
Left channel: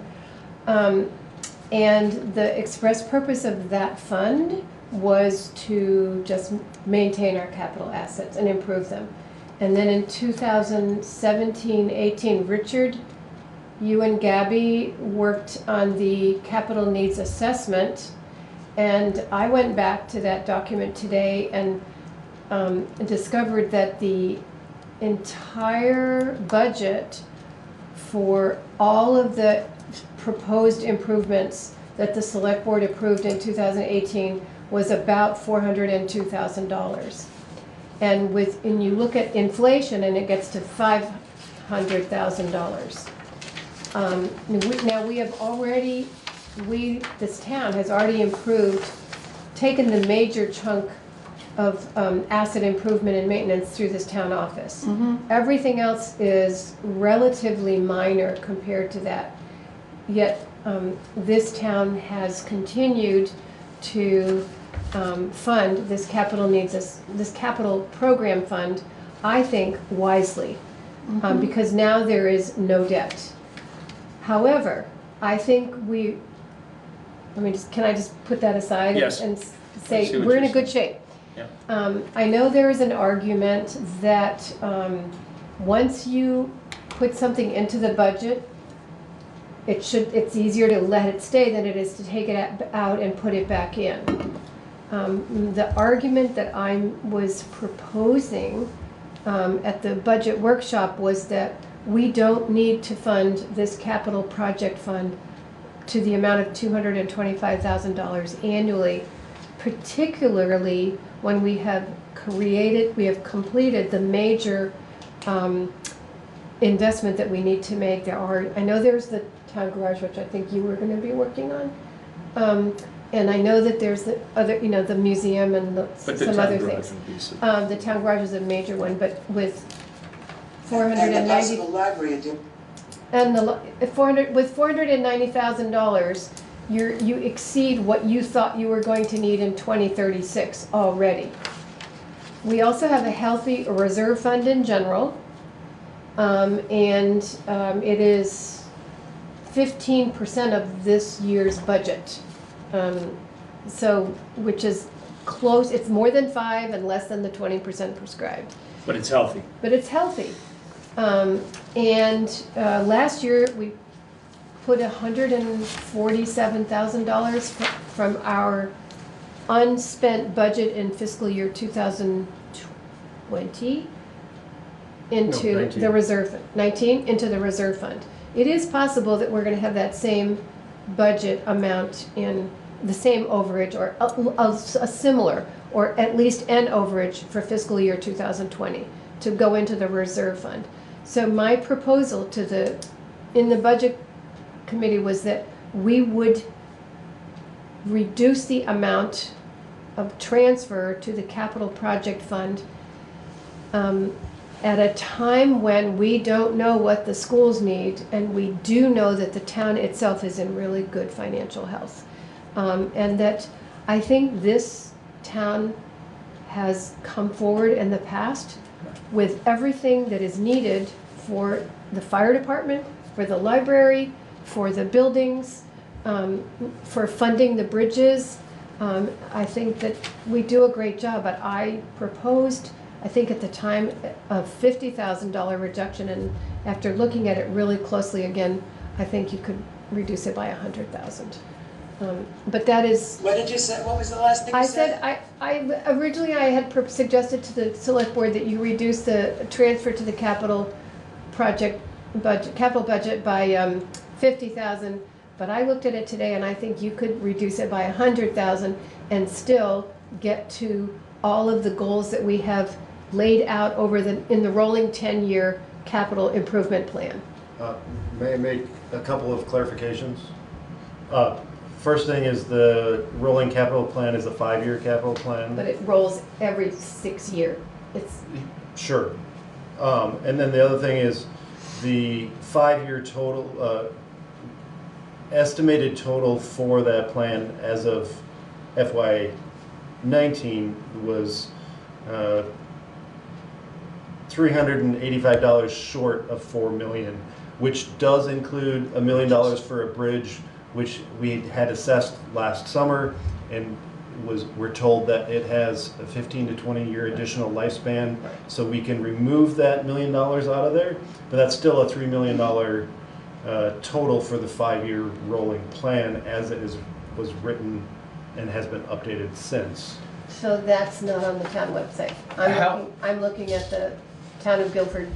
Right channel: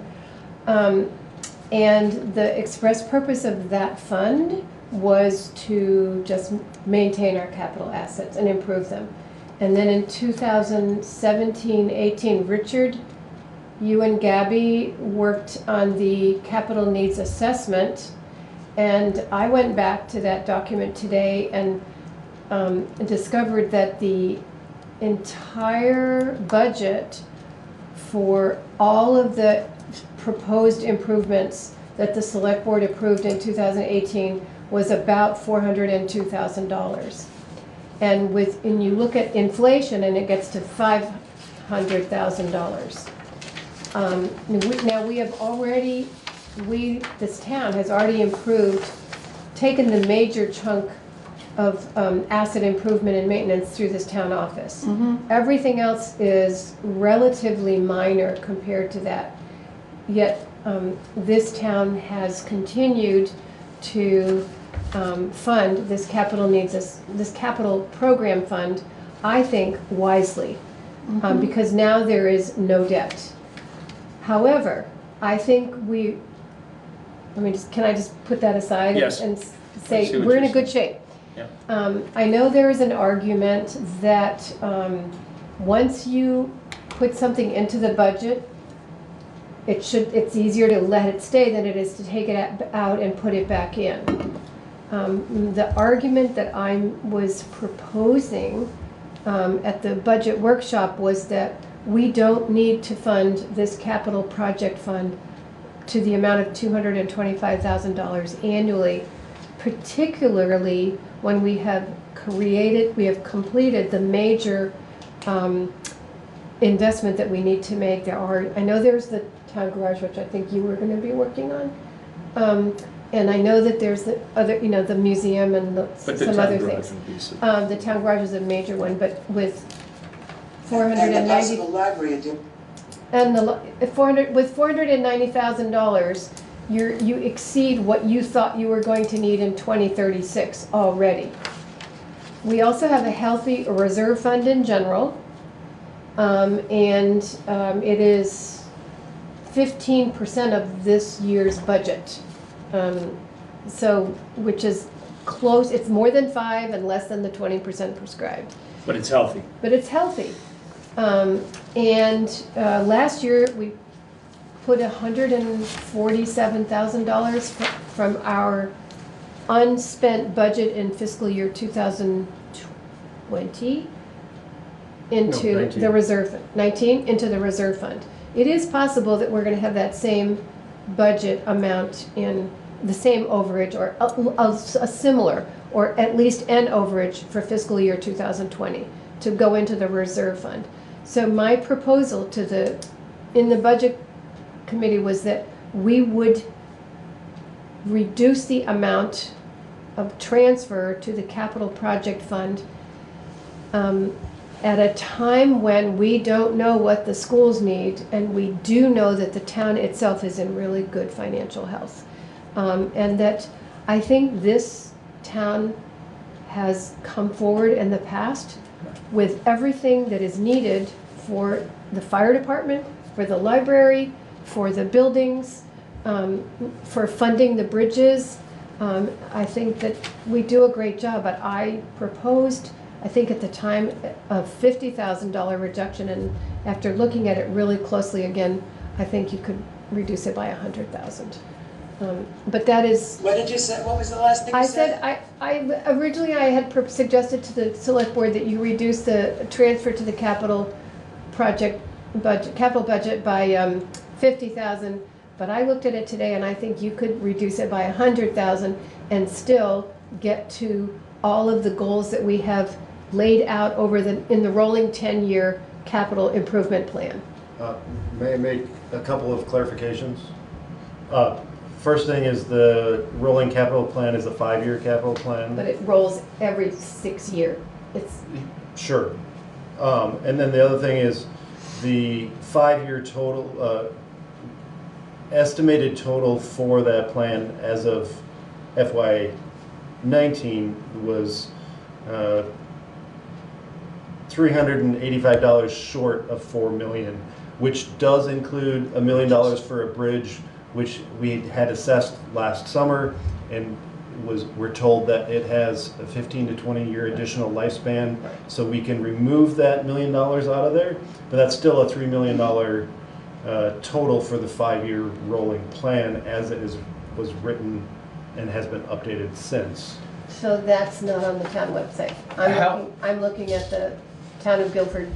And the express purpose of that fund was to just maintain our capital assets and improve them. And then in 2017-18, Richard, you and Gabby worked on the capital needs assessment, and I went back to that document today and discovered that the entire budget for all of the proposed improvements that the select board approved in 2018 was about $402,000. And you look at inflation and it gets to $500,000. Now we have already, this town has already taken the major chunk of asset improvement and maintenance through this town office. Everything else is relatively minor compared to that. Yet this town has continued to fund this this capital program fund, I think wisely, because now there is no debt. However, I think can I just put that aside? Yes. And say we're in a good shape. Yeah. I know there is an argument that once you put something into the budget, it's easier to let it stay than it is to take it out and put it back in. The argument that I was proposing at the budget workshop was that we don't need to fund this capital project fund to the amount of $225,000 annually, particularly when we have completed the major investment that we need to make. I know there's the town garage, which I think you were going to be working on. And I know that there's the other, the museum and some other things. The town garage is a major one, but with $490,000 the library, and with $490,000, you exceed what you thought you were going to need in 2036 already. We also have a healthy reserve fund in general, and it is 15% of this year's budget. Which is close, it's more than 5 and less than the 20% prescribed. But it's healthy. But it's healthy. Last year we put $147,000 from our unspent budget in fiscal year 2020 into the reserve fund, 19 into the reserve fund. It is possible that we're going to have that same budget amount in the same overage or a similar, or at least an overage for fiscal year 2020 to go into the reserve fund. So my proposal in the budget committee was that we would reduce the amount of transfer to the capital project fund at a time when we don't know what the schools need, and we do know that the town itself is in really good financial health. And that I think this town has come forward in the past with everything that is needed for the fire department, for the library, for the buildings, for funding the bridges. I think that we do a great job, but I proposed, I think at the time, a $50,000 reduction, and after looking at it really closely again, I think you could reduce it by $100,000. But that is. What did you say? What was the last thing you said? Originally I had suggested to the select board that you reduce the transfer to the capital budget by 50,000. But I looked at it today and I think you could reduce it by 100,000 and still get to all of the goals that we have laid out in the rolling 10-year capital improvement plan. May I make a couple of clarifications? First thing is the rolling capital plan is a 5-year capital plan. But it rolls every 6 year. It's, Sure. And then the other thing is the 5-year total, estimated total for that plan as of FY19 was $385 short of $4 million, which does include $1 million for a bridge, which we had assessed last summer, and we're told that it has a 15 to 20 year additional lifespan, so we can remove that $1 million out of there, but that's still a $3 million total for the 5-year rolling plan as it was written and has been updated since. so that's not on the town website. I'm looking at the Town of Guilford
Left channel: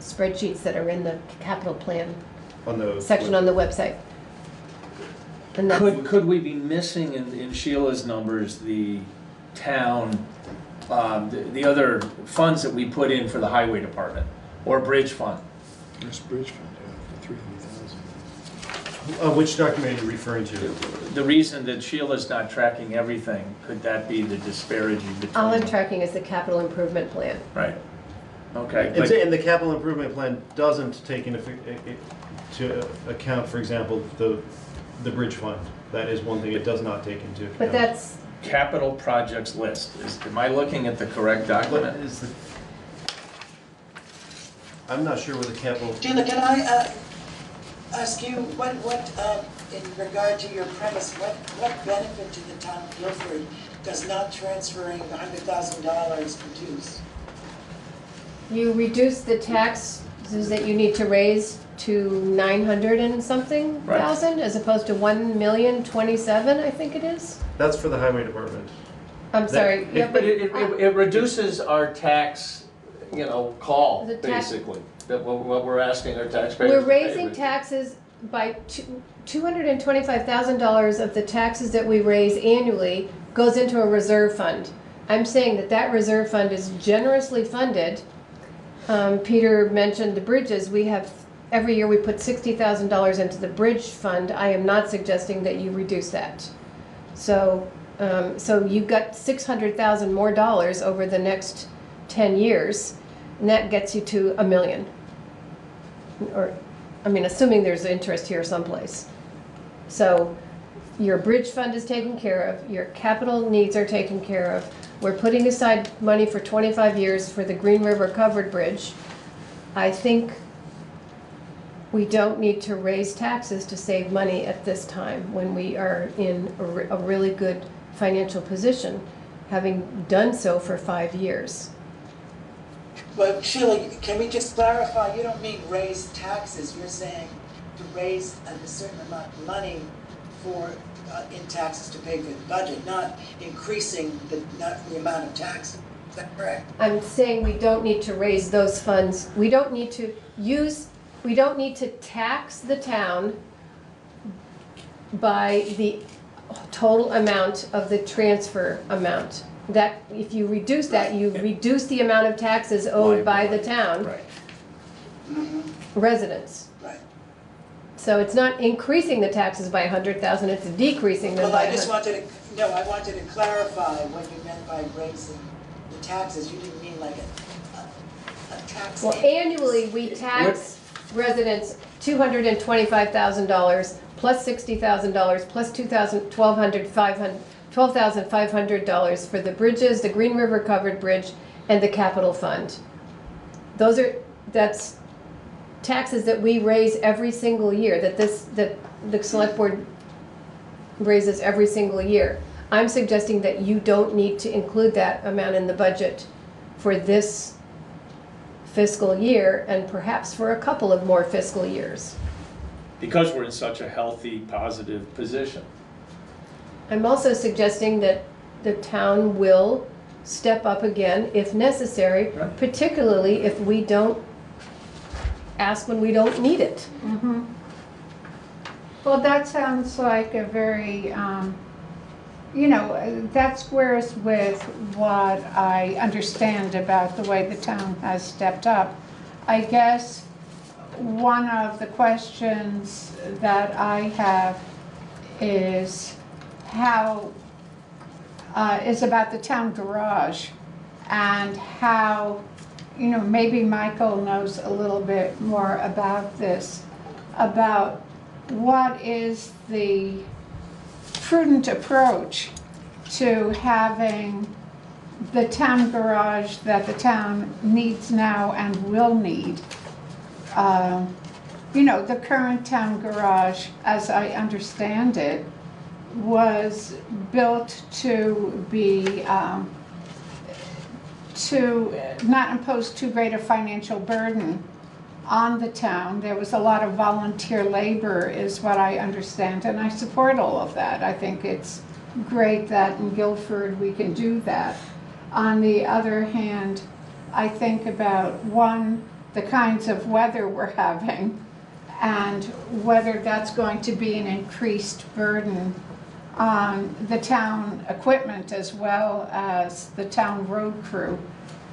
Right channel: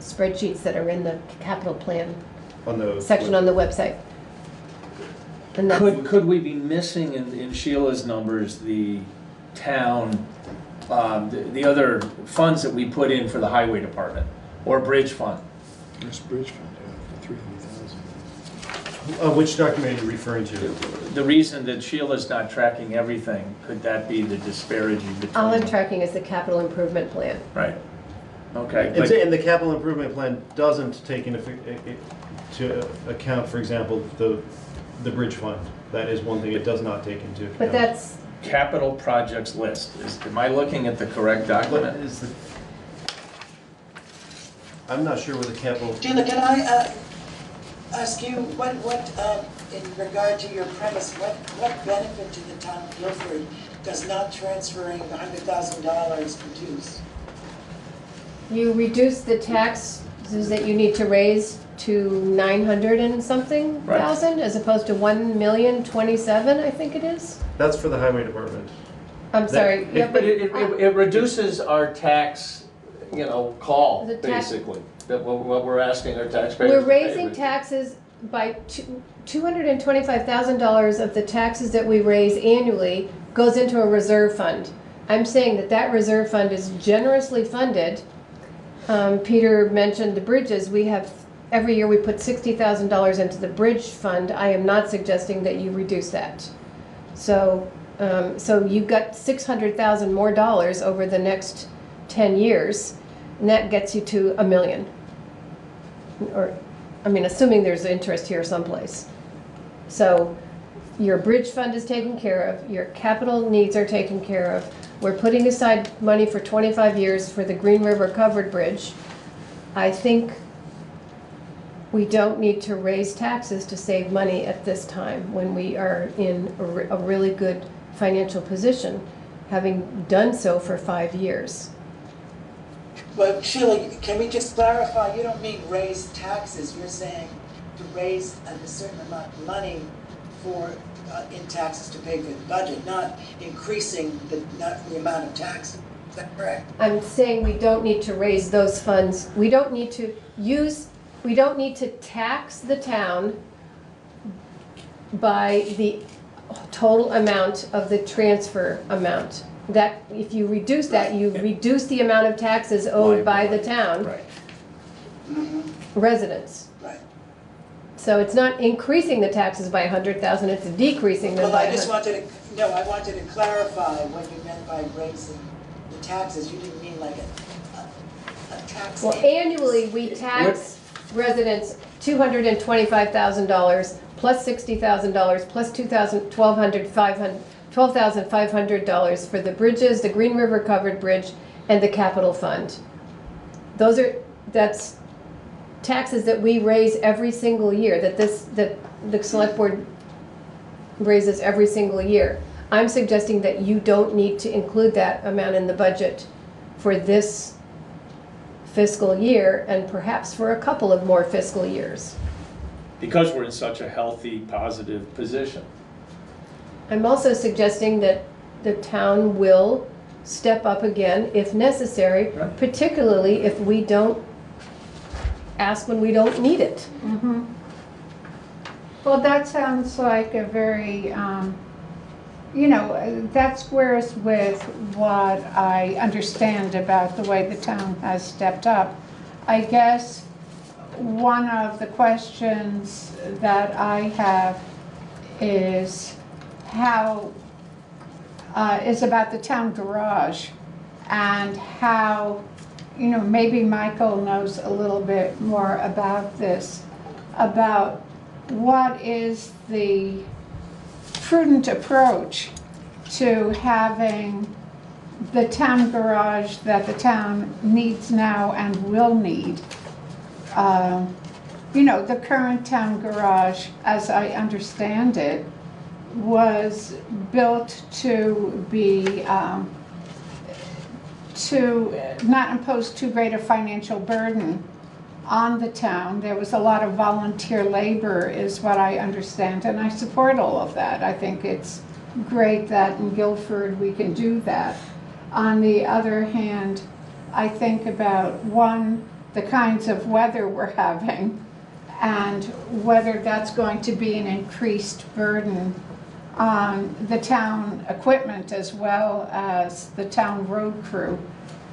spreadsheets that are in the capital plan On the section on the website. And that's, Could we be missing in Sheila's numbers the town, the other funds that we put in for the highway department or bridge fund? There's bridge fund, yeah, for 300,000. Which document are you referring to? The reason that Sheila's not tracking everything, could that be the disparity between? all I'm tracking is the capital improvement plan. Right. Okay. And the capital improvement plan doesn't take into account, for example, the bridge fund. That is one thing it does not take into account. But that's, Capital projects list, am I looking at the correct What document? is the? I'm not sure what the capital. Sheila, can I ask you, what, in regard to your premise, what benefit to the town of Guilford does not transferring $100,000 produce? you reduce the taxes that you need to raise to 900 and something thousand, as opposed to 1,027,000, I think it is. That's for the highway department. I'm sorry. Yeah, But it reduces our tax, call, The tax- basically, that what we're asking our taxpayers We're to pay. raising taxes by $225,000 of the taxes that we raise annually goes into a reserve fund. I'm saying that reserve fund is generously funded. Peter mentioned the bridges. We have, every year we put $60,000 into the bridge fund. I am not suggesting that you reduce that. So you've got $600,000 more dollars over the next 10 years, and that gets you to $1 million. Or, assuming there's interest here someplace. So your bridge fund is taken care of, your capital needs are taken care of. We're putting aside money for 25 years for the Green River Covered Bridge. I think we don't need to raise taxes to save money at this time when we are in a really good financial position, having done so for 5 years. But Sheila, can we just clarify, you don't mean raise taxes, you're saying to raise a certain amount of money in taxes to pay for the budget, not increasing the amount of taxes. Is that correct? I'm saying we don't need to raise those funds. We don't need to tax the town by the total amount of the transfer amount. That, if you reduce that, you reduce the amount of taxes owed by the town residents. Right. So it's not increasing the taxes by 100,000, it's decreasing them Well, by I just 100. I wanted to clarify what you meant by raising the taxes. You didn't mean like a tax. Well, annually, we tax residents $225,000 plus $60,000 plus $12,500 for the bridges, the Green River Covered Bridge, and the capital fund. That's taxes that we raise every single year, that the select board raises every single year. I'm suggesting that you don't need to include that amount in the budget for this fiscal year and perhaps for a couple of more fiscal years. Because we're in such a healthy, positive position. I'm also suggesting that the town will step up again if necessary, particularly if we don't ask when we don't need it. Well, that sounds like a very you know, that squares with what I understand about the way the town has stepped up. I guess one of the questions that I have is is about the town garage and how, you know, maybe Michael knows a little bit more about this, about what is the prudent approach to having the town garage that the town needs now and will need. You know, the current town garage, as I understand it, was built to be, to not impose too great a financial burden on the town. There was a lot of volunteer labor is what I understand, and I support all of that. I think it's great that in Guilford we can do that. On the other hand, I think about, one, the kinds of weather we're having and whether that's going to be an increased burden on the town equipment as well as the town road crew.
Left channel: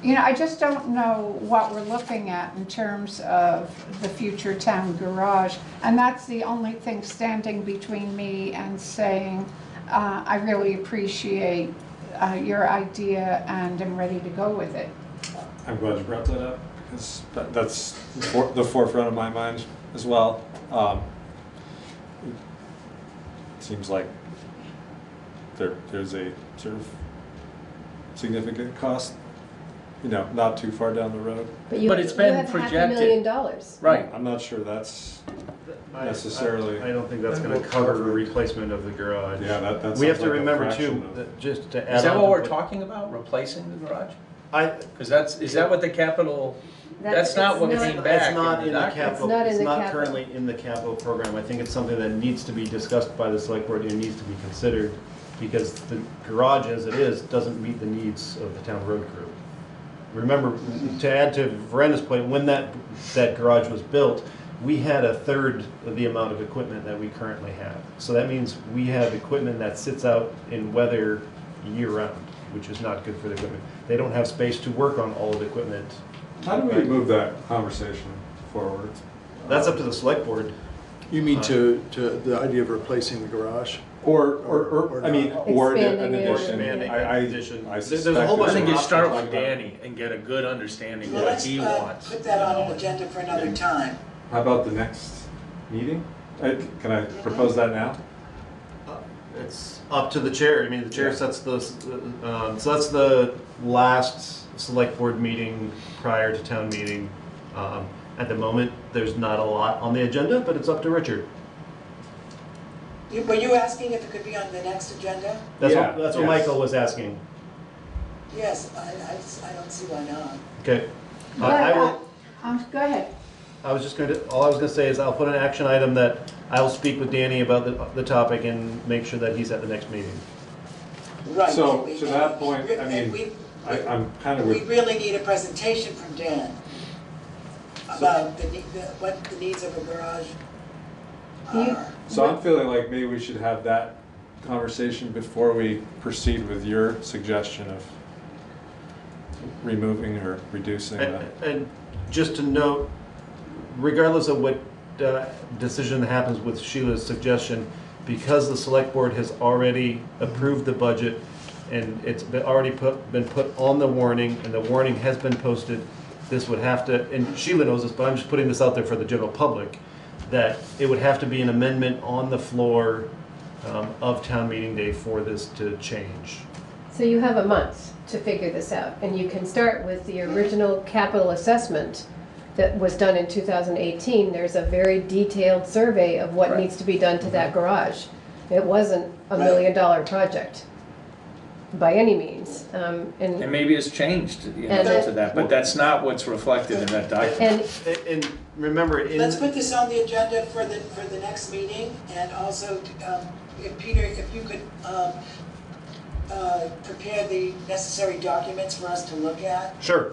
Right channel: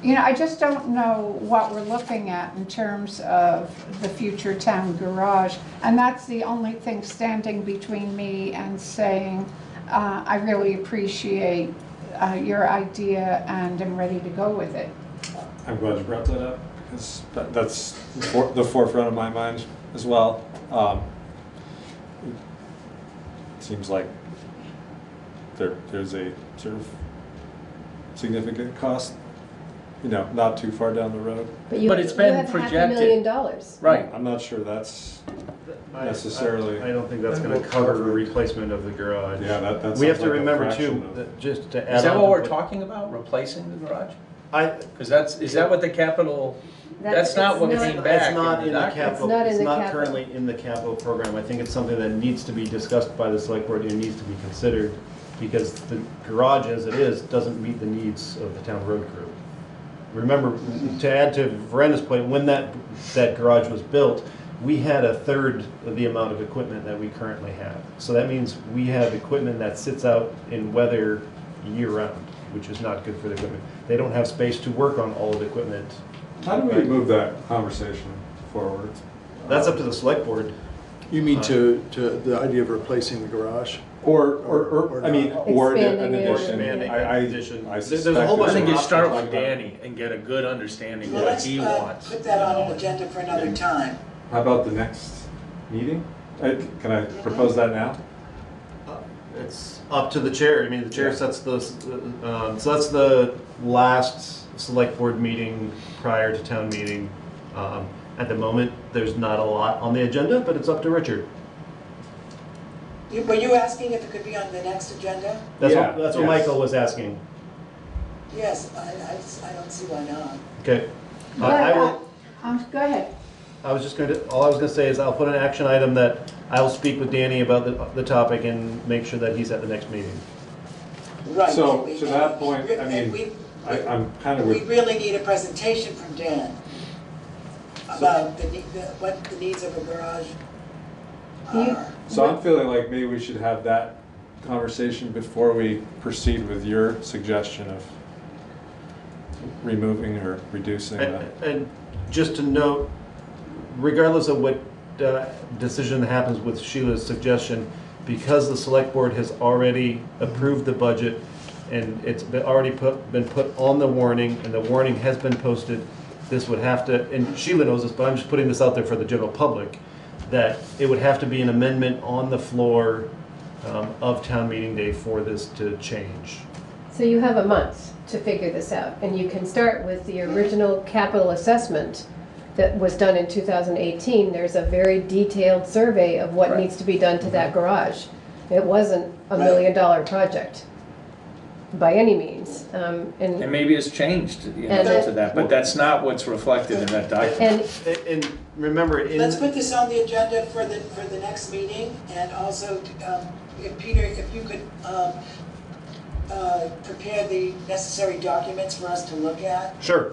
You know, I just don't know what we're looking at in terms of the future town garage. And that's the only thing standing between me and saying, I really appreciate your idea and am ready to go with it. I'm glad you brought that up, because that's the forefront of my mind as well. It seems like there's a sort of significant cost, you know, not too far down the road. But it's been projected. $500,000. Right. I'm not sure that's necessarily. I don't think that's going to cover the replacement of the garage. Yeah, that we have sounds to like a remember fraction too, of- that just to add Is that on what to we're talking about, replacing the garage? Because is that what the capital, that's not what came back. It's not in the document. capital, It's not in it's the not capital. currently in the capital program. I think it's something that needs to be discussed by the select board and needs to be considered, because the garage as it is doesn't meet the needs of the town road crew. Remember, to add to Veranda's point, when that garage was built, we had a third of the amount of equipment that we currently have. So that means we have equipment that sits out in weather year-round, which is not good for the equipment. They don't have space to work on all of the equipment. How do we move that conversation forward? That's up to the select board. You mean to the idea of replacing the garage? Or I mean, or an Expanding it. addition. Expanding an addition. I There's a suspect whole bunch I there's think you an start option with like that. Danny and get a good understanding Well, what let's he wants. put that on an agenda for another time. How about the next meeting? Can I propose that now? It's up to the chair. I mean, the chair sets the, so that's the last select board meeting prior to town meeting. At the moment, there's not a lot on the agenda, but it's up to Richard. Were you asking if it could be on the next agenda? That's Yeah, what yes. Michael was asking. Yes, I don't see why not. Okay. I will. Go ahead. I was just going to, all I was going to say is I'll put an action item that I will speak with Danny about the topic and make sure that he's at the next meeting. Right. So, and to that point, I and mean, I'm kind of we with, really need a presentation from Dan about what the needs of a garage are. so I'm feeling like maybe we should have that conversation before we proceed with your suggestion of removing or reducing the. And just to note, regardless of what decision happens with Sheila's suggestion, because the select board has already approved the budget and it's already been put on the warning and the warning has been posted, this would have to, and Sheila knows this, but I'm just putting this out there for the general public, that it would have to be an amendment on the floor of town meeting day for this to change. So you have a month to figure this out, and you can start with the original capital assessment that was done in 2018. There's a very detailed survey of what needs to be done to that garage. It wasn't a $1 million project by any means. And maybe it's changed to that, but that's not what's reflected in that document. And remember, Let's put this on the agenda for the next meeting, and also, if Peter, if you could prepare the necessary documents for us to look at. Sure.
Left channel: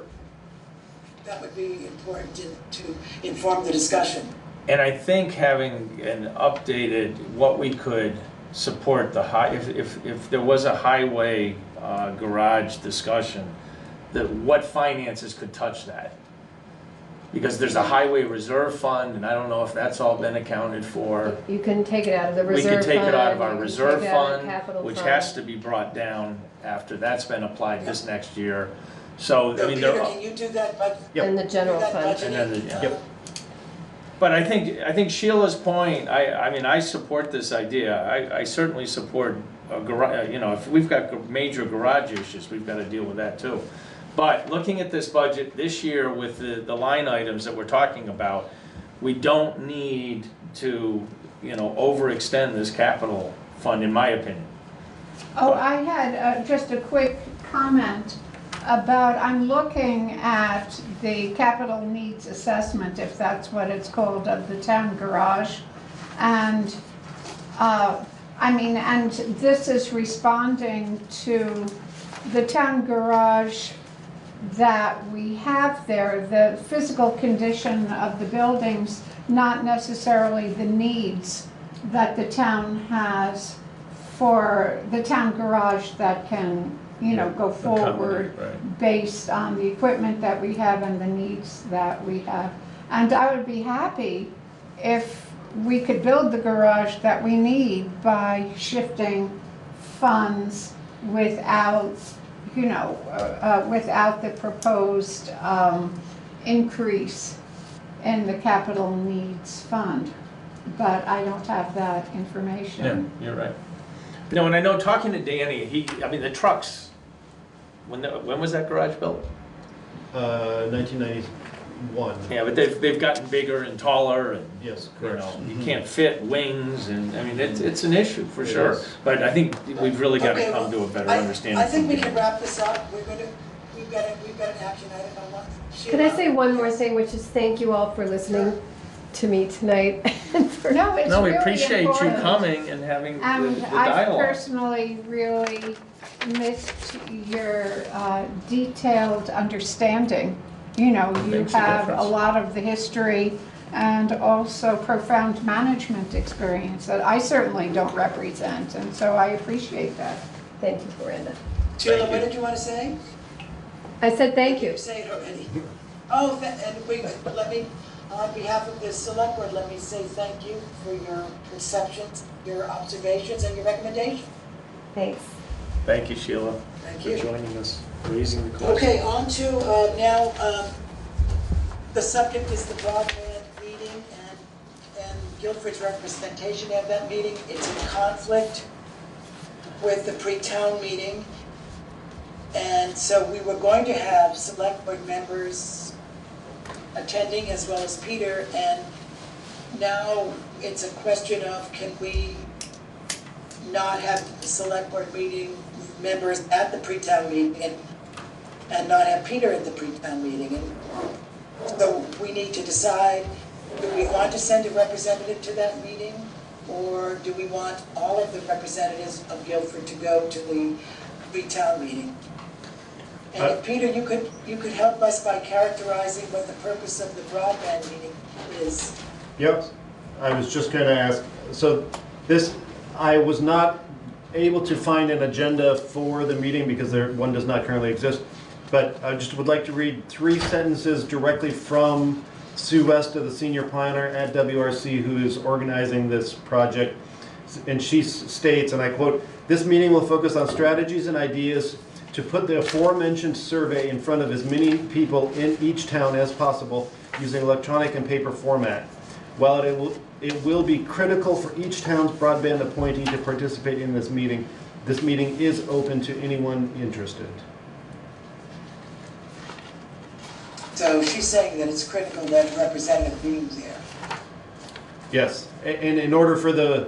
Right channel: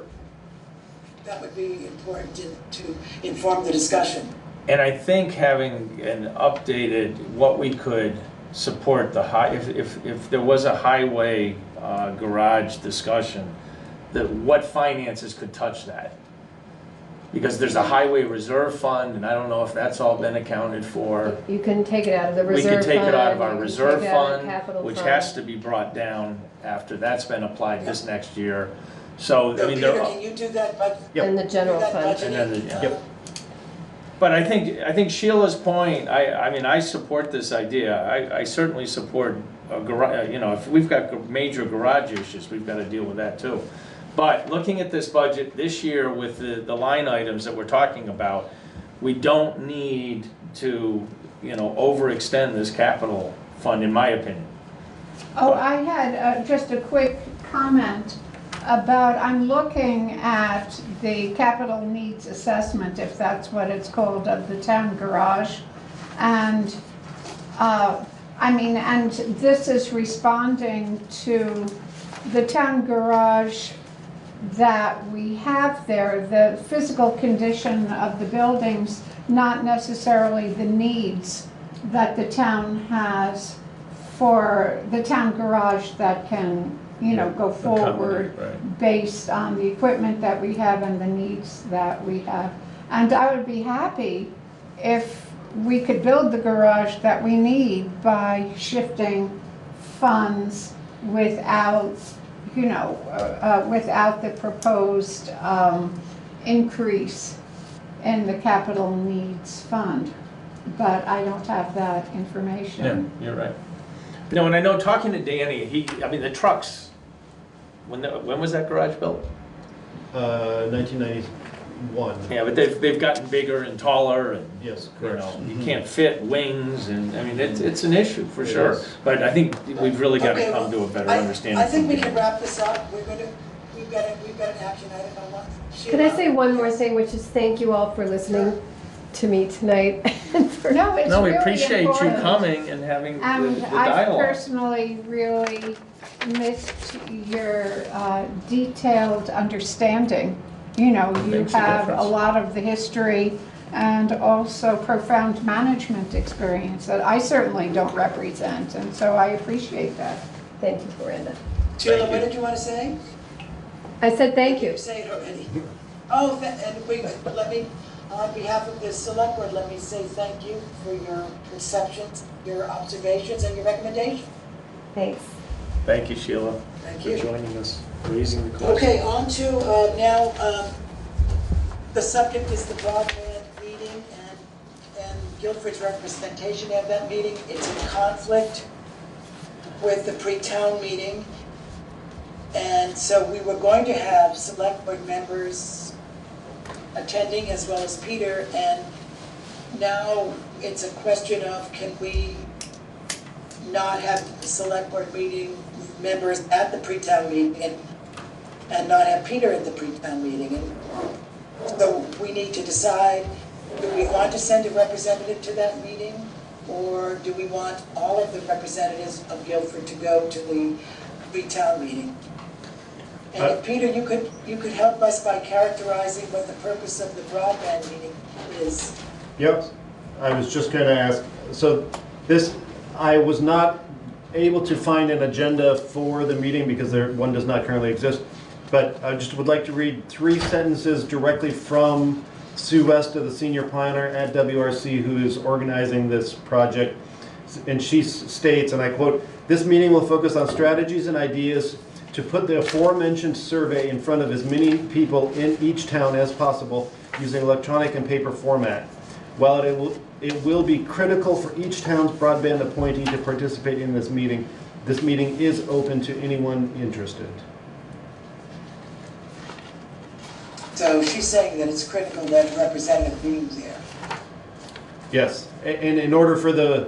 That would be important to inform the discussion. And I think having an updated, what we could support the if there was a highway garage discussion, that what finances could touch that? Because there's a highway reserve fund, and I don't know if that's all been accounted for. You can take it out of the We reserve could fund. take it out of you our can reserve take it out of fund, capital which fund. has to be brought down after that's been applied this next year. So, I So mean, Peter, there are. can you do that, but? And the general that fund. budgeting, And then Yep. But I think Sheila's point, I mean, I support this idea. I certainly support a garage, you know, if we've got major garage issues, we've got to deal with that too. But looking at this budget this year with the line items that we're talking about, we don't need to, you know, overextend this capital fund, in my opinion. Oh, I had just a quick comment about, I'm looking at the capital needs assessment, if that's what it's called, of the town garage. And, I mean, and this is responding to the town garage that we have there, the physical condition of the buildings, not necessarily the needs that the town has for the town garage that can, you know, go forward based on the equipment that we have and the needs that we have. And I would be happy if we could build the garage that we need by shifting funds without, you know, without the proposed increase in the capital needs fund. But I don't have that information. Yeah, you're right. No, and I know talking to Danny, I mean, the trucks, when was that garage built? 1991. Yeah, but they've gotten bigger and taller, and Yes, you correct. know, you can't fit wings, and I mean, it's an issue for It sure. is. But I think we've really got to Okay, come to a better I understanding. think we from can Danny. wrap this up. We've got an action item on one. Can I say one more thing, which is thank you all for listening to me tonight. No, it's No, we really appreciate you important. coming and having the And I dialogue. personally really missed your detailed understanding. You know, you Makes a have a difference. lot of the history and also profound management experience that I certainly don't represent, and so I appreciate that. Thank you, Miranda. Sheila, what did you want to say? I said thank you. You say it already. Oh, let me, on behalf of the select board, let me say thank you for your perceptions, your observations, and your recommendation. Thanks. Thank you, Sheila, Thank for you. joining us, raising the question. Okay, on to now, the subject is the broadband meeting and Guilford's representation of that meeting. It's in conflict with the pre-town meeting. And so we were going to have select board members attending as well as Peter, and now it's a question of can we not have the select board meeting members at the pre-town meeting and not have Peter at the pre-town meeting. And so we need to decide, do we want to send a representative to that meeting, or do we want all of the representatives of Guilford to go to the pre-town meeting? And if, Peter, you could help us by characterizing what the purpose of the broadband meeting is. Yep, I was just going to ask, so this, I was not able to find an agenda for the meeting because one does not currently exist, but I just would like to read 3 sentences directly from Sue Westa, the senior planner at WRC, who is organizing this project. And she states, and I quote, "This meeting will focus on strategies and ideas to put the aforementioned survey in front of as many people in each town as possible using electronic and paper format. While it will be critical for each town's broadband appointee to participate in this meeting is open to anyone interested." So she's saying that it's critical that a representative be there. Yes, and in order for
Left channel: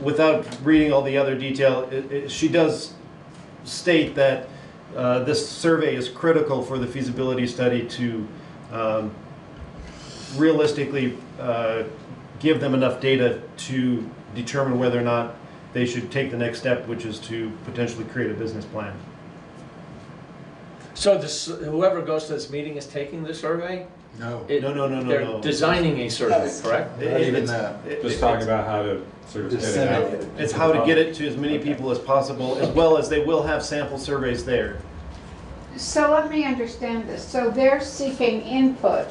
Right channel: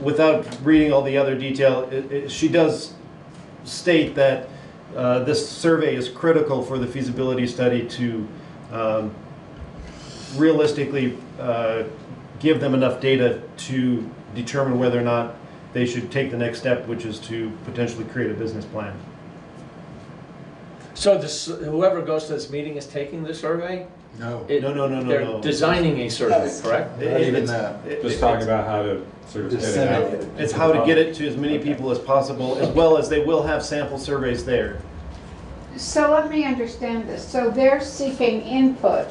without reading all the other detail, she does state that this survey is critical for the feasibility study to realistically give them enough data to determine whether or not they should take the next step, which is to potentially create a business plan. So whoever goes to this meeting is taking the survey? No. They're designing a survey, correct? Not even that. Just talking about how to sort of get it out. It's how to get it to as many people as possible, as well as they will have sample surveys there. So let me understand this. So they're seeking input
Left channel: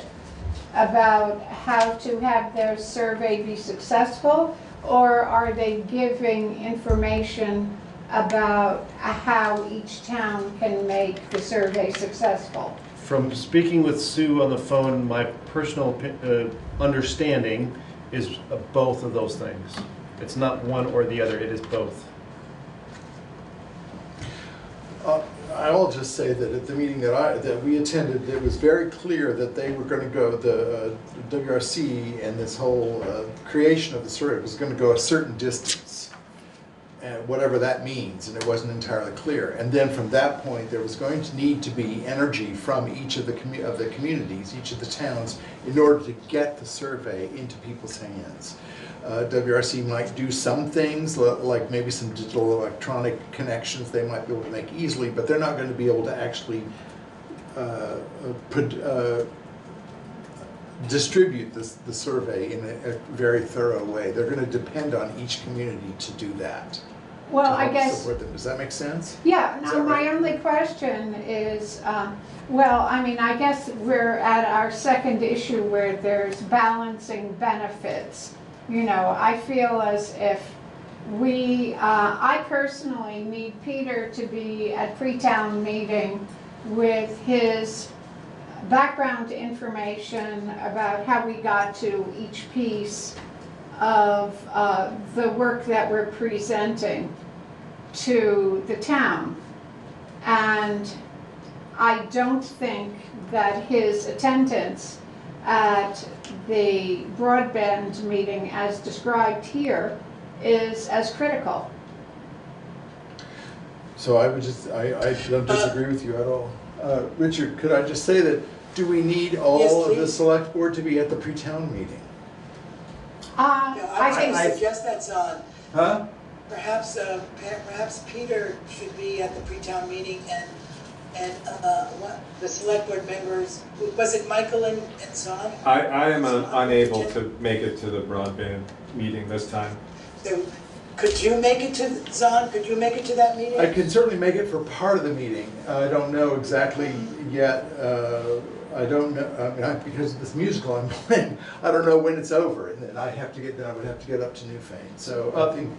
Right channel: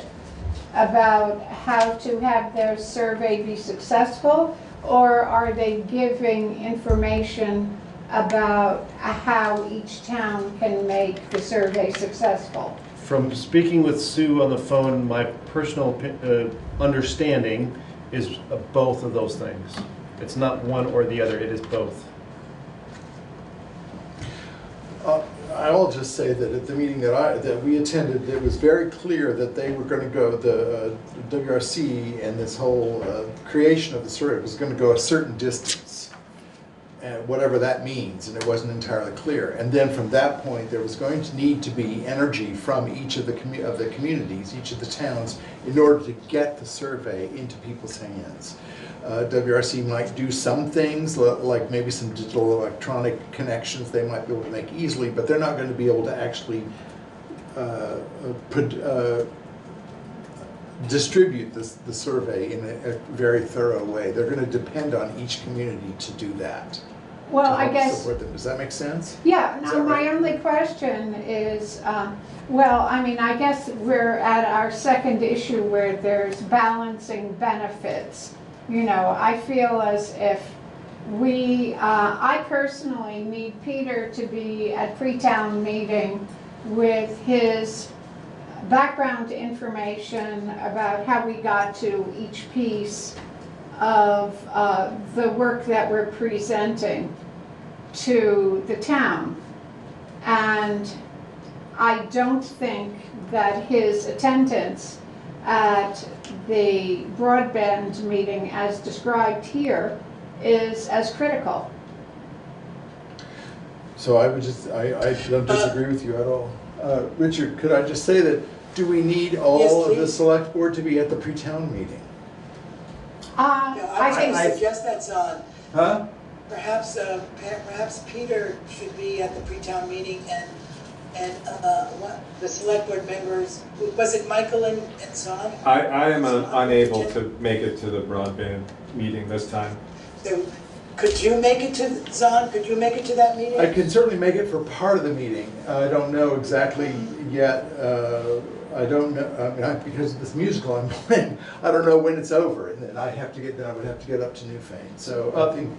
about how to have their survey be successful, or are they giving information about how each town can make the survey successful? From speaking with Sue on the phone, my personal understanding is both of those things. It's not one or the other, it is both. I'll just say that at the meeting that we attended, it was very clear that they were going to go, the WRC and this whole creation of the survey was going to go a certain distance, and whatever that means, and it wasn't entirely clear. And then from that point, there was going to need to be energy from each of the communities, each of the towns, in order to get the survey into people's hands. WRC might do some things, like maybe some digital electronic connections they might be able to make easily, but they're not going to be able to actually distribute the survey in a very thorough way. They're going to depend on each community to do that. Well, to I help guess, support them. Does that make sense? yeah, Is now that my right? only question is, well, I mean, I guess we're at our second issue where there's balancing benefits. You know, I feel as if I personally need Peter to be at pre-town meeting with his background information about how we got to each piece of the work that we're presenting to the town. And I don't think that his attendance at the broadband meeting as described here is as critical. So I don't disagree with you at all. Richard, could I just say that, do we need all of the select board to be at the pre-town meeting? I suggest that's on. Huh? Perhaps Peter should be at the pre-town meeting, and the select board members, was it Michael and Zahn? I am unable to make it to the broadband meeting this time. So, could you make it to, Zahn, could you make it to that meeting? I can certainly make it for part of the meeting. I don't know exactly yet. I don't know, I mean, because of this musical I'm playing, I don't know when it's over, and then I would have to get up to Newfane. So I think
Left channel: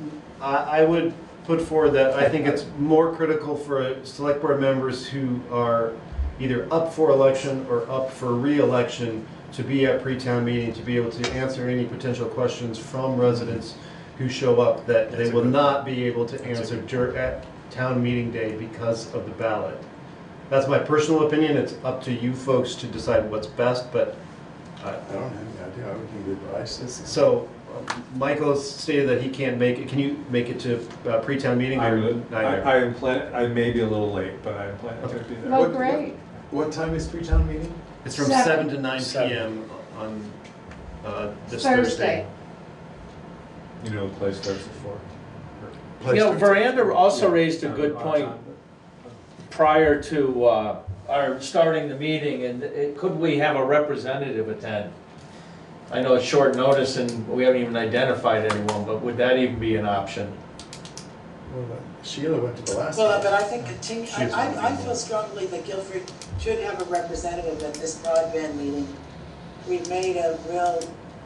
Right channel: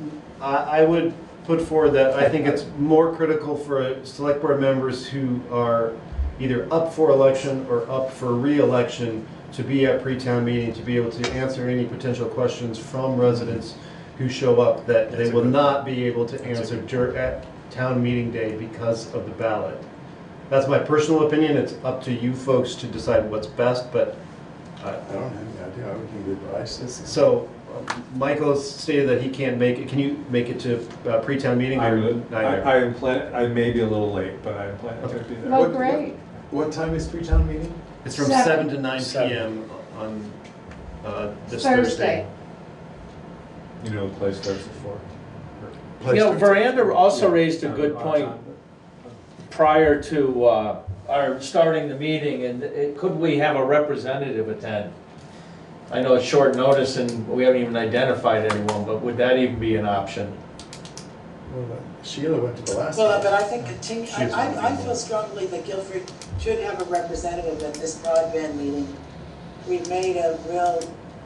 I would put forward that I think it's more critical for select board members who are either up for election or up for re-election to be at pre-town meeting, to be able to answer any potential questions from residents who show up that they will not be able to answer at town meeting day because of the ballot. That's my personal opinion. It's up to you folks to decide what's best, but I don't have any idea. I would need advice. So Michael has stated that he can't make it. Can you make it to pre-town meeting? I may be a little late, but I am planning to be there. Well, great. What time is pre-town meeting? It's from 7 to 9 p.m. on this Thursday. You know the place starts at 4. You know, Veranda also raised a good point prior to our starting the meeting, and could we have a representative attend? I know it's short notice and we haven't even identified anyone, but would that even be an option? Well, Sheila went to the last Well, one. but I think I feel strongly that Guilford should have a representative at this broadband meeting. We've made a real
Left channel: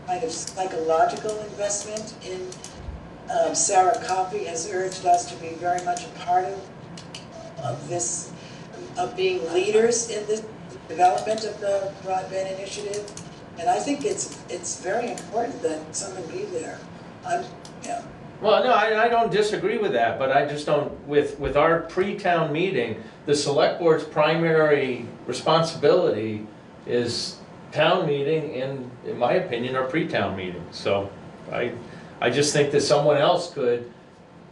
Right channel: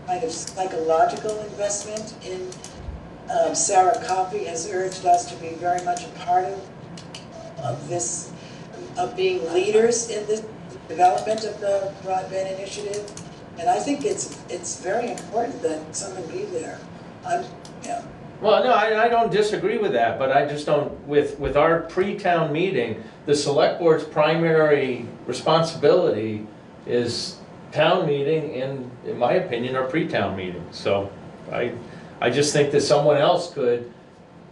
kind of psychological investment in, Sarah Coffey has urged us to be very much a part of this, of being leaders in the development of the broadband initiative. And I think it's very important that someone be there. Well, no, I don't disagree with that, but I just don't, with our pre-town meeting, the select board's primary responsibility is town meeting and, in my opinion, our pre-town meeting. So I just think that someone else could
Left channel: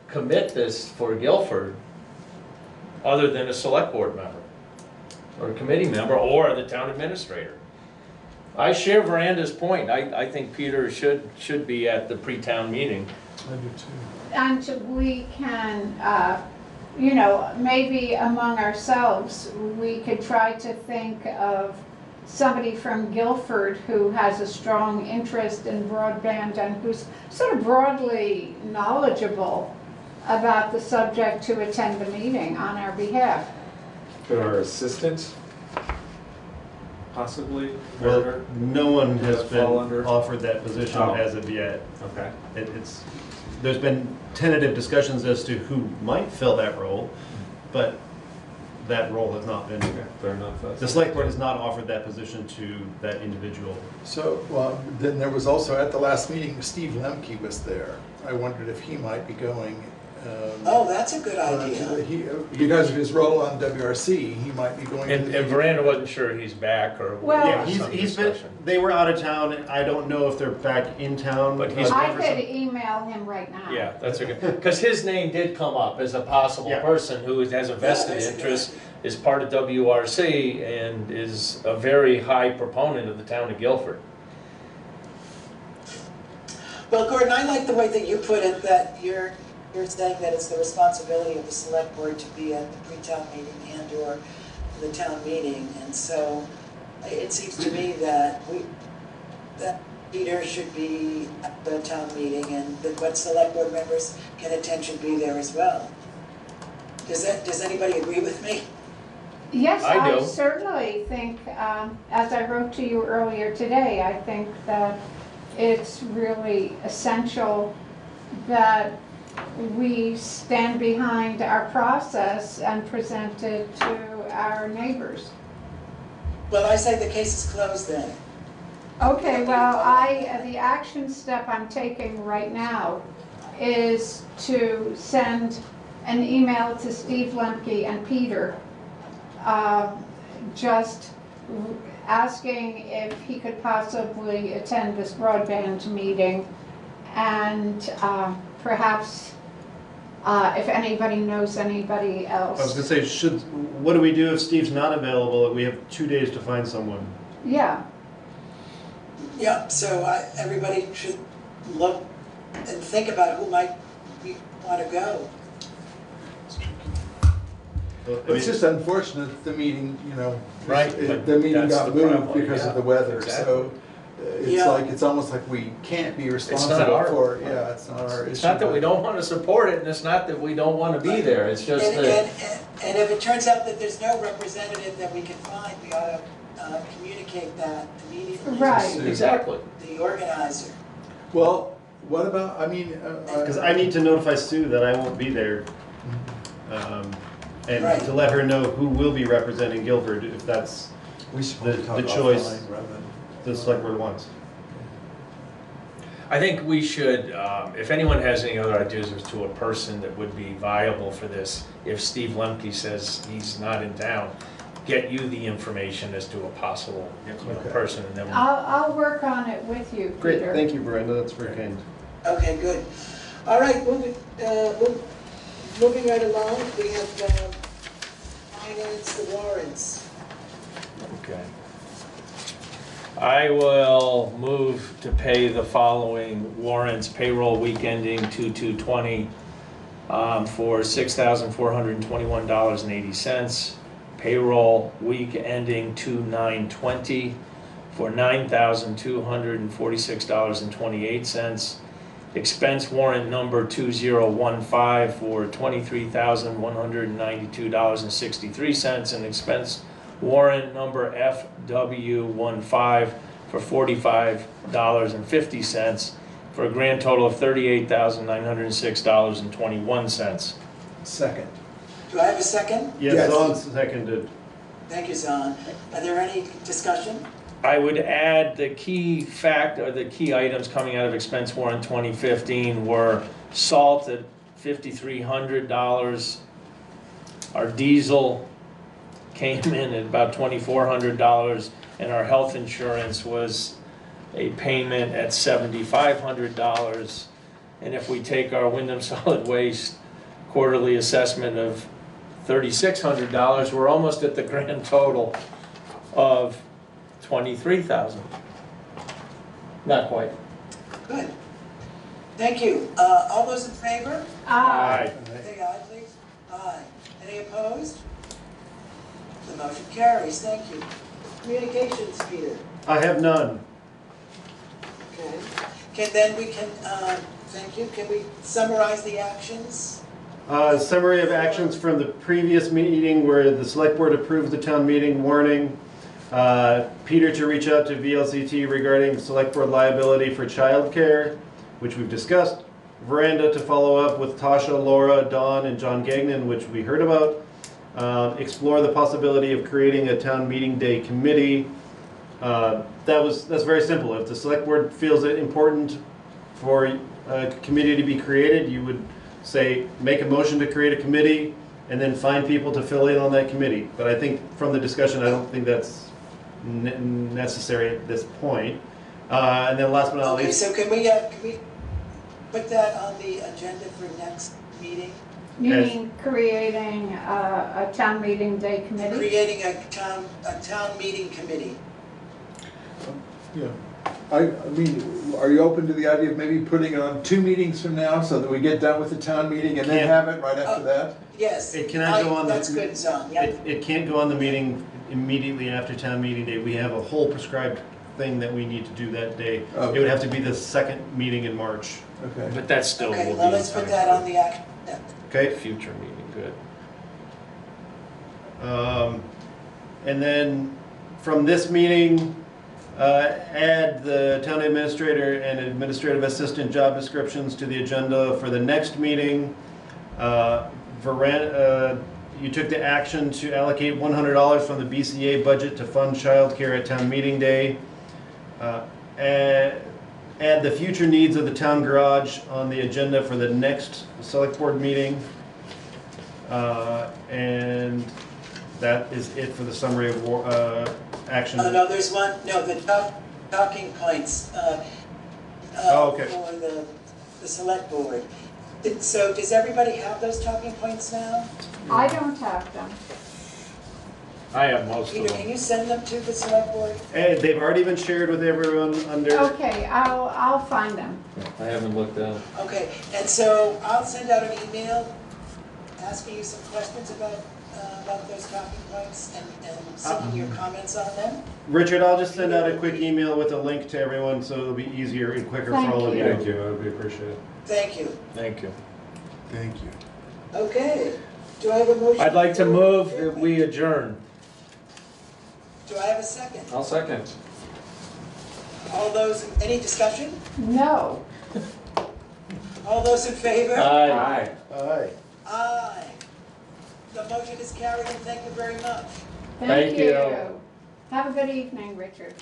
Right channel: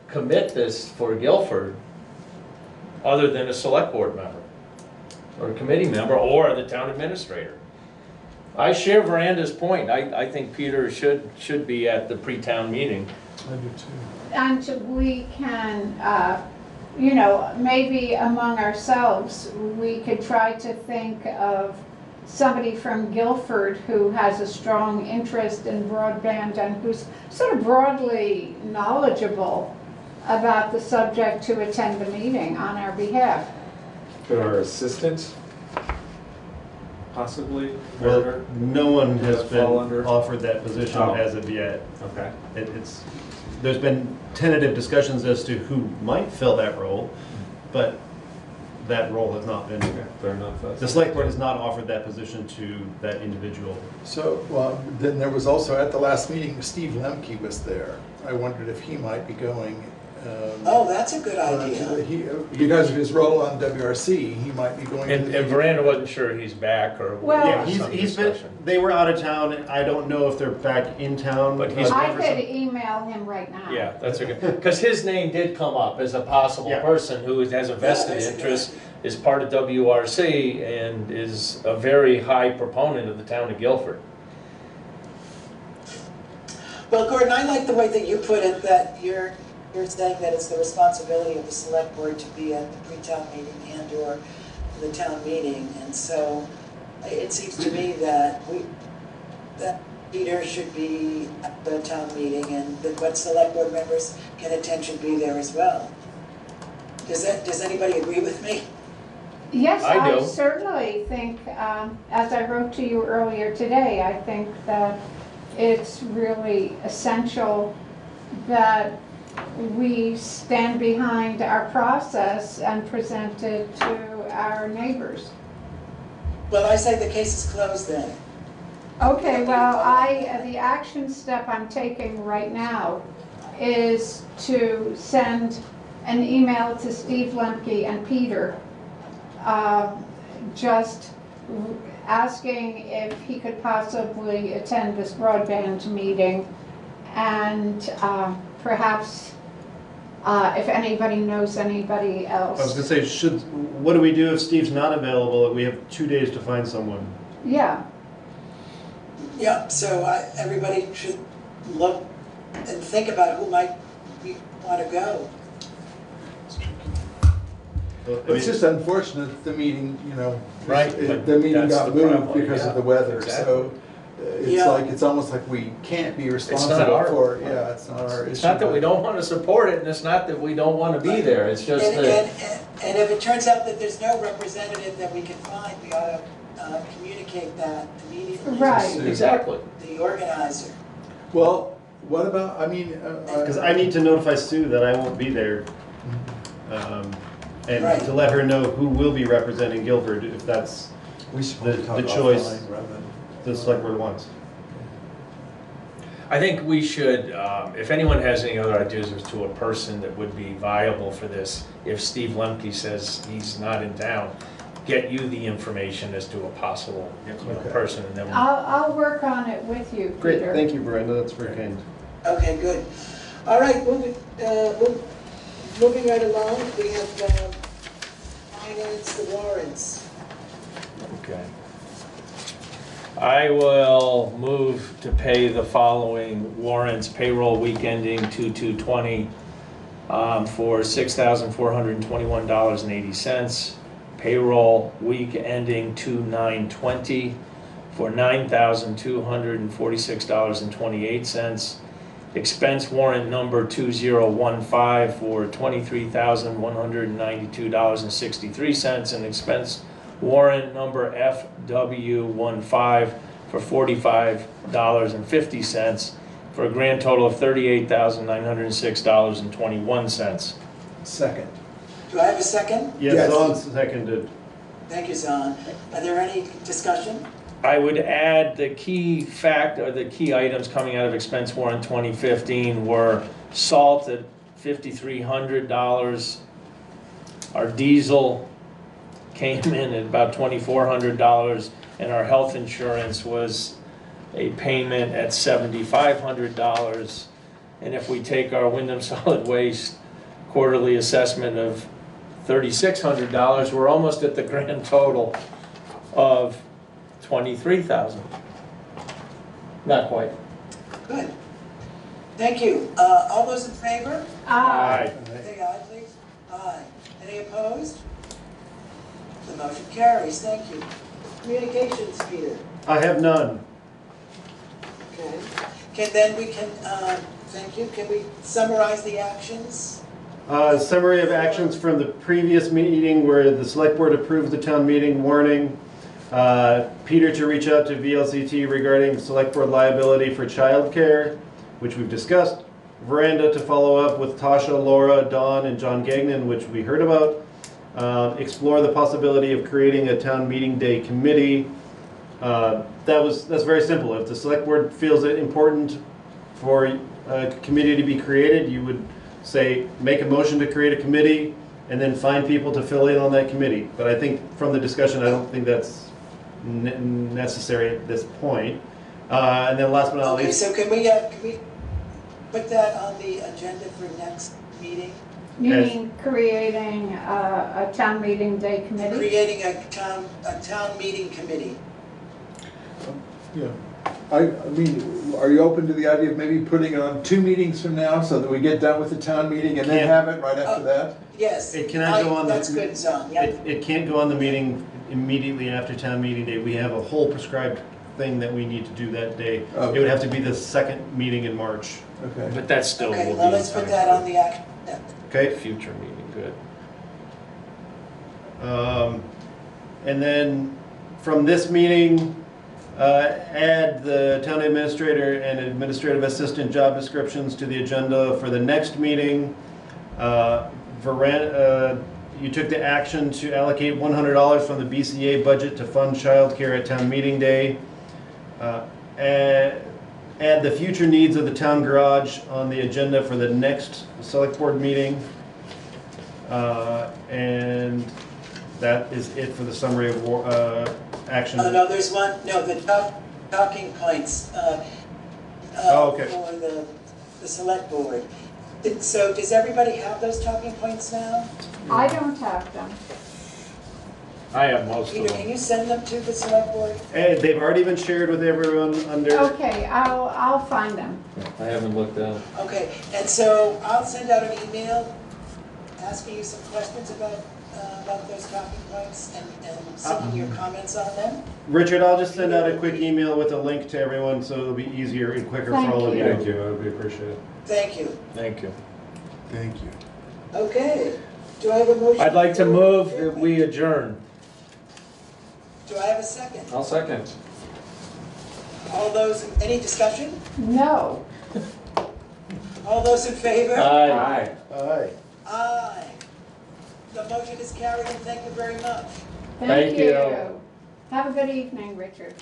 commit this for Guilford other than a select board member or a committee member or the town administrator. I share Veranda's point. I think Peter should be at the pre-town meeting. I do too. And we can, maybe among ourselves, we could try to think of somebody from Guilford who has a strong interest in broadband and who's sort of broadly knowledgeable about the subject to attend the meeting on our behalf. Could our assistant possibly? Well, no one has been fall under? offered that position Oh. as of yet. Okay. There's been tentative discussions as to who might fill that role, but that role has not been. Fair enough. The select board has not offered that position to that individual. So, well, then there was also, at the last meeting, Steve Lemke was there. I wondered if he might be going. Oh, that's a good idea. Because of his role on WRC, he might be going. And Veranda wasn't sure he's back or. Well- Yeah, he's been, they were out of town. I don't know if they're back in town. But he's- I could email him right now. Yeah, that's a good, because his name did come up as a possible Yeah. person who has a vested interest, is part of WRC, and is a very high proponent of the town of Guilford. Well, Gordon, I like the way that you put it, that you're saying that it's the responsibility of the select board to be at the pre-town meeting and or the town meeting. And so it seems to me that that Peter should be at the town meeting, and that what select board members can attend should be there as well. Does anybody agree with me? Yes, I I do. certainly think, as I wrote to you earlier today, I think that it's really essential that we stand behind our process and present it to our neighbors. Well, I say the case is closed then. Okay, well, the action step I'm taking right now is to send an email to Steve Lemke and Peter, just asking if he could possibly attend this broadband meeting, and perhaps if anybody knows anybody else. I was gonna say, what do we do if Steve's not available? We have 2 days to find someone. Yeah. Yeah, so everybody should look and think about who might want to go. It's just unfortunate that the meeting, Right, the meeting that's got the moved problem, because yeah, of the weather, exactly. so Yeah. it's almost like we can't be not responsible our- for, yeah, it's not our issue. It's not that we don't want to support it, and it's not that we don't want to be there, it's just And, that. and if it turns out that there's no representative that we can find, we ought to communicate that immediately. Right. Exactly. To the organizer. Well, what about, Because I need to notify Sue that I won't be there. And Right. to let her know who will be representing Guilford, if that's we should the talk choice offline rather than- the select board wants. I think we should, if anyone has any other ideas as to a person that would be viable for this, if Steve Lemke says he's not in town, get you the information as to a possible Okay. person, and then I'll work on it with you, Great, Peter. thank you, Brenda, that's very kind. Okay, good. All right, moving right along, we have finance, the warrants. Okay. I will move to pay the following warrants: payroll week ending 2/2/20 for $6,421.80. Payroll week ending 2/9/20 for $9,246.28. Expense warrant number 2015 for $23,192.63, and expense warrant number FW15 for $45.50, for a grand total of $38,906.21. Second. Do I have a second? Yes, Zon seconded. Thank you, Zon. Are there any discussion? I would add the key fact, or the key items coming out of expense warrant 2015 were salt at $5,300. Our diesel came in at about $2,400, and our health insurance was a payment at $7,500. And if we take our Wyndham Solid Waste quarterly assessment of $3,600, we're almost at the grand total of $23,000. Not quite. Good. Thank you. All those in favor? Aye. Say aye, please. Aye. Any opposed? The motion carries. Thank you. Communications, Peter. I have none. Okay. Thank you. Can we summarize the actions? Summary of actions from the previous meeting where the select board approved the town meeting warning. Peter to reach out to VLCT regarding select board liability for childcare, which we've discussed. Veranda to follow up with Tasha, Laura, Dawn, and John Gagnon, which we heard about. Explore the possibility of creating a town meeting day committee. That's very simple. If the select board feels it important for a committee to be created, you would say, make a motion to create a committee and then find people to fill in on that committee. But I think from the discussion, I don't think that's necessary at this point. And then last but not Okay, least. so can we put that on the agenda for next meeting? You mean creating a town meeting day committee? Creating a town meeting committee. Yeah. I mean, are you open to the idea of maybe putting it on 2 meetings from now so that we get done with the town meeting and then have it right after that? Yes. It cannot go on that's good, Zon. Yep. It can't go on the meeting immediately after town meeting day. We have a whole prescribed thing that we need to do that day. Okay. It would have to be the second meeting in March. Okay. But that still Okay, will be well, in let's put time that for on the act. Okay. future meeting, good. And then from this meeting, add the town administrator and administrative assistant job descriptions to the agenda for the next meeting. You took the action to allocate $100 from the BCA budget to fund childcare at town meeting day. Add the future needs of the town garage on the agenda for the next select board meeting. And that is it for the summary of action. No, there's one, no, the talking points okay. for the select board. So does everybody have those talking points now? I don't have them. I have most of Peter, them. can you send them to the select board? And they've already been shared with everyone under. Okay, I'll find them. I haven't looked at it. Okay, and so I'll send out an email asking you some questions about those talking points and seeking your comments on them. Richard, I'll just send out a quick email with a link to everyone so it'll be easier and quicker for all of you. Thank you, that would be appreciated. Thank you. Thank you. Thank you. Okay, do I have a motion? I'd like to move that we adjourn. Do I have a second? I'll second. All those, any discussion? No. All those in favor? Aye. Aye. Aye. The motion is carried and thank you very much. Thank you. Have a good evening, Richard.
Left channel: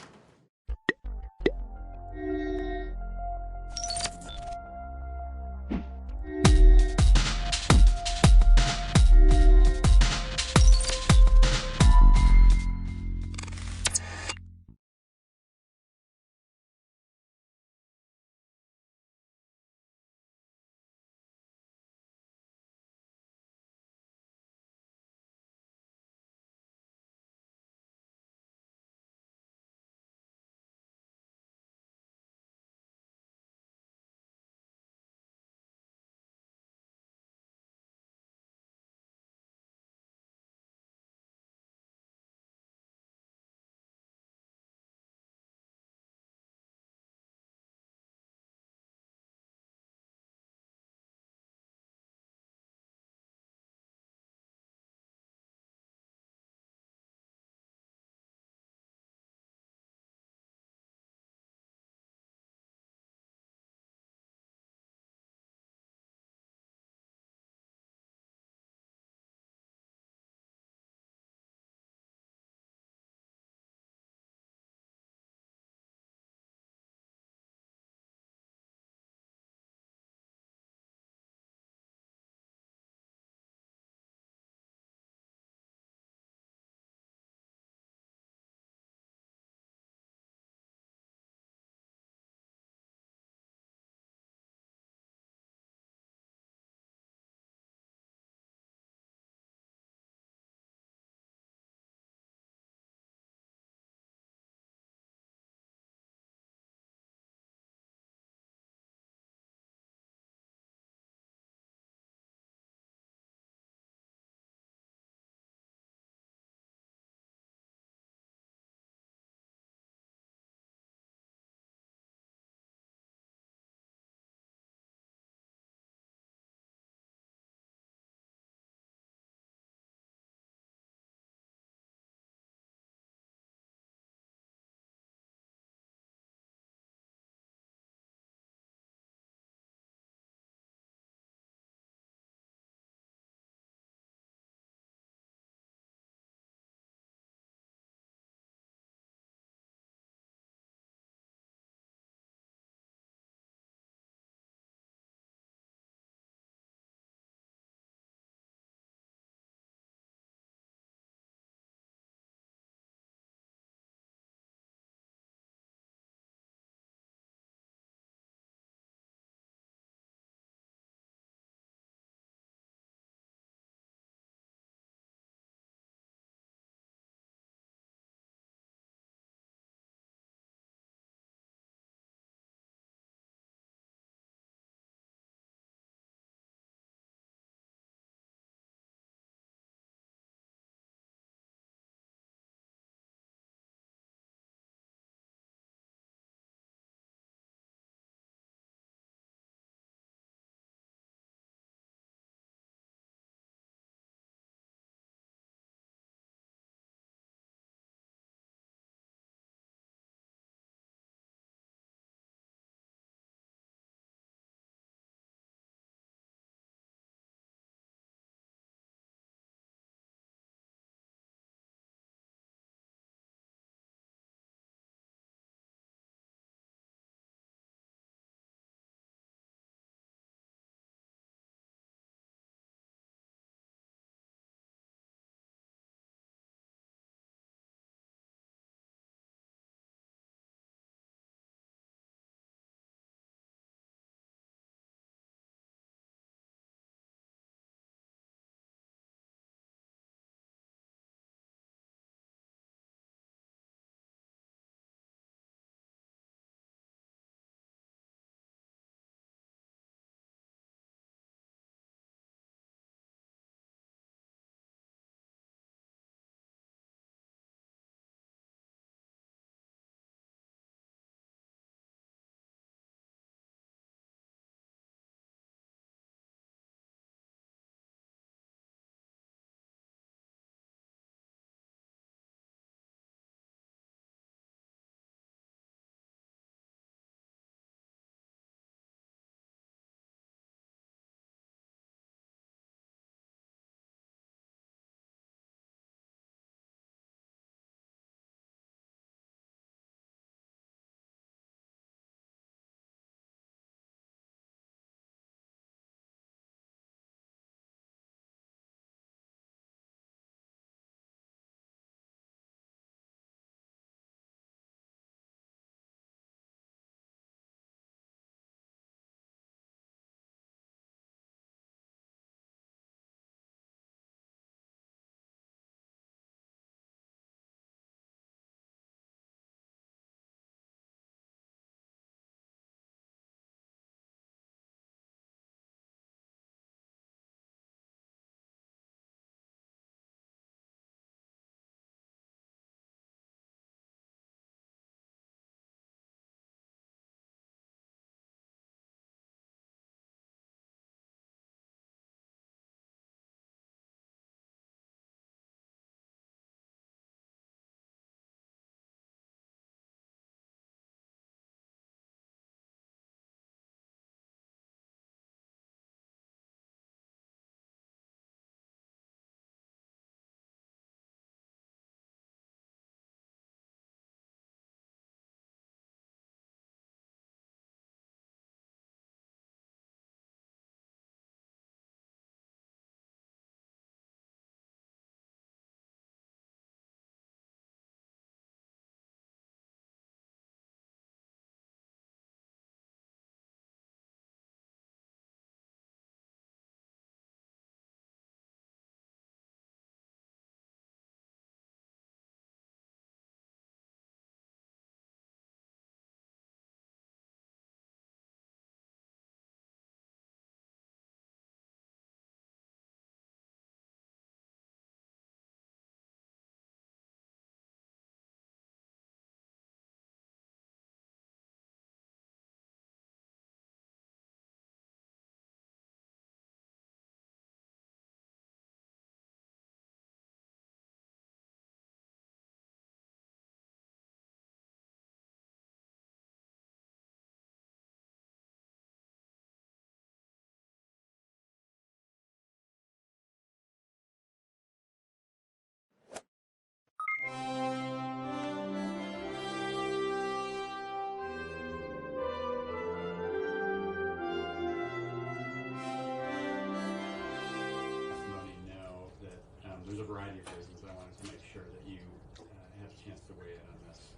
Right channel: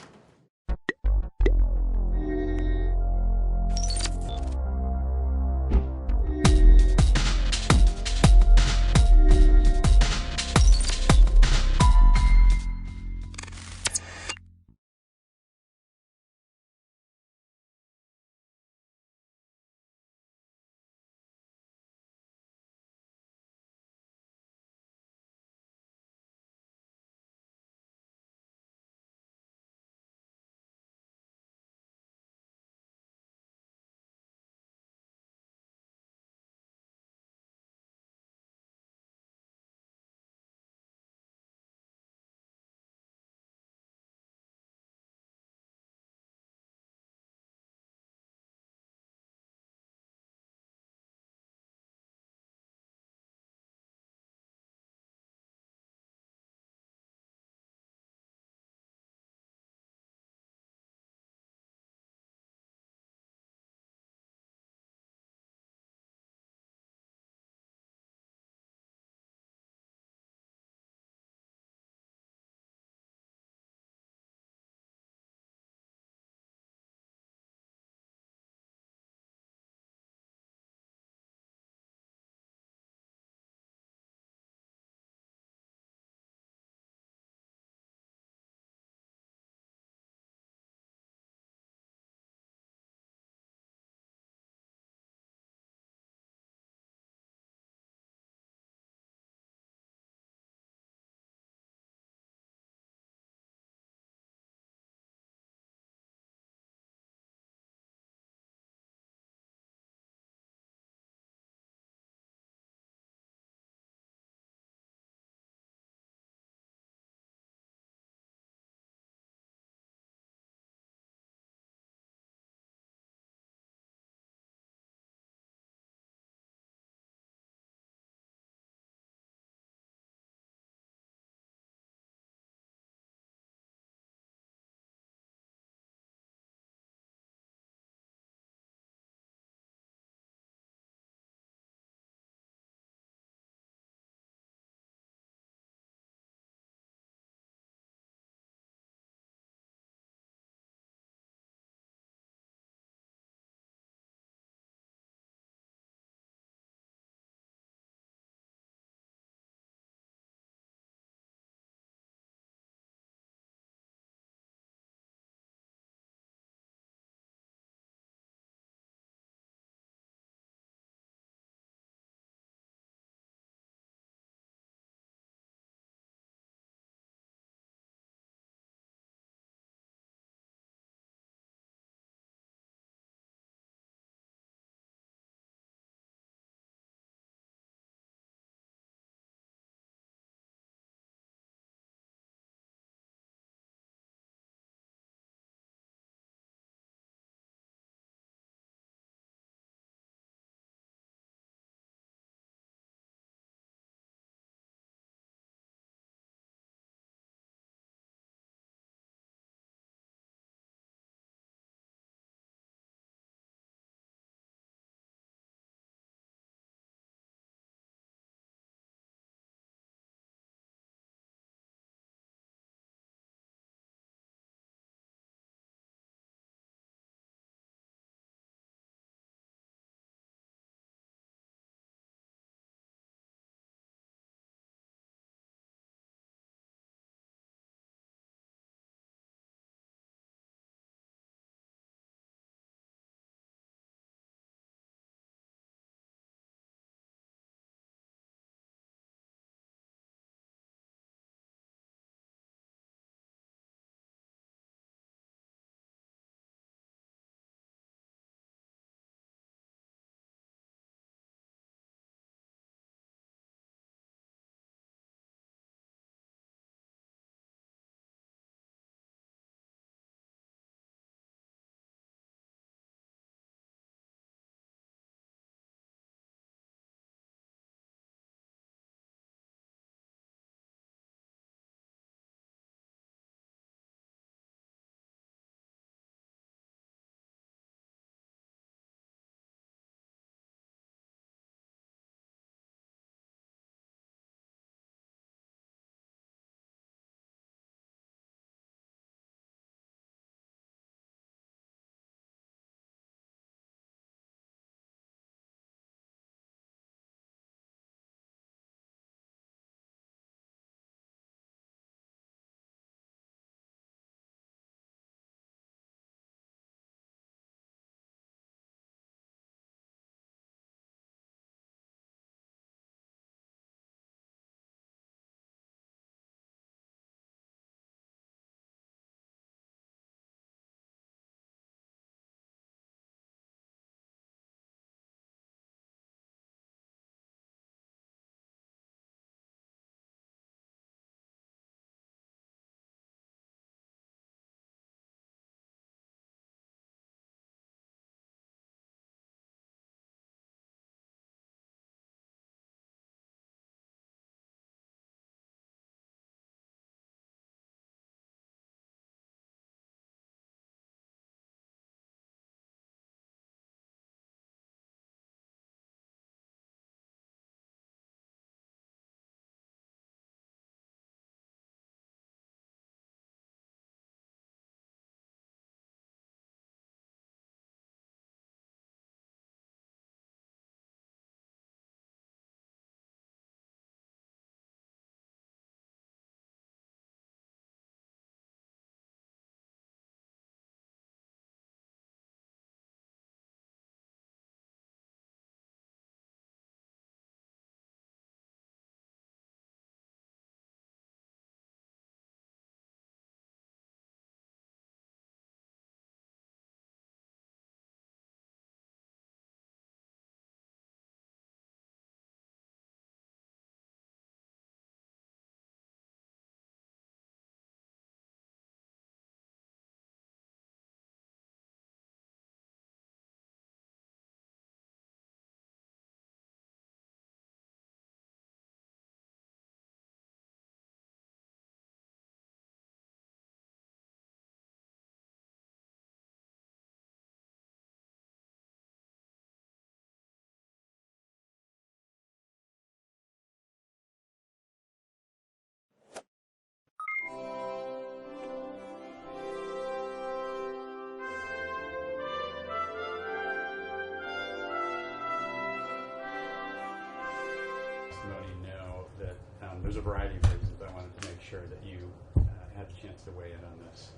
to weigh in on this.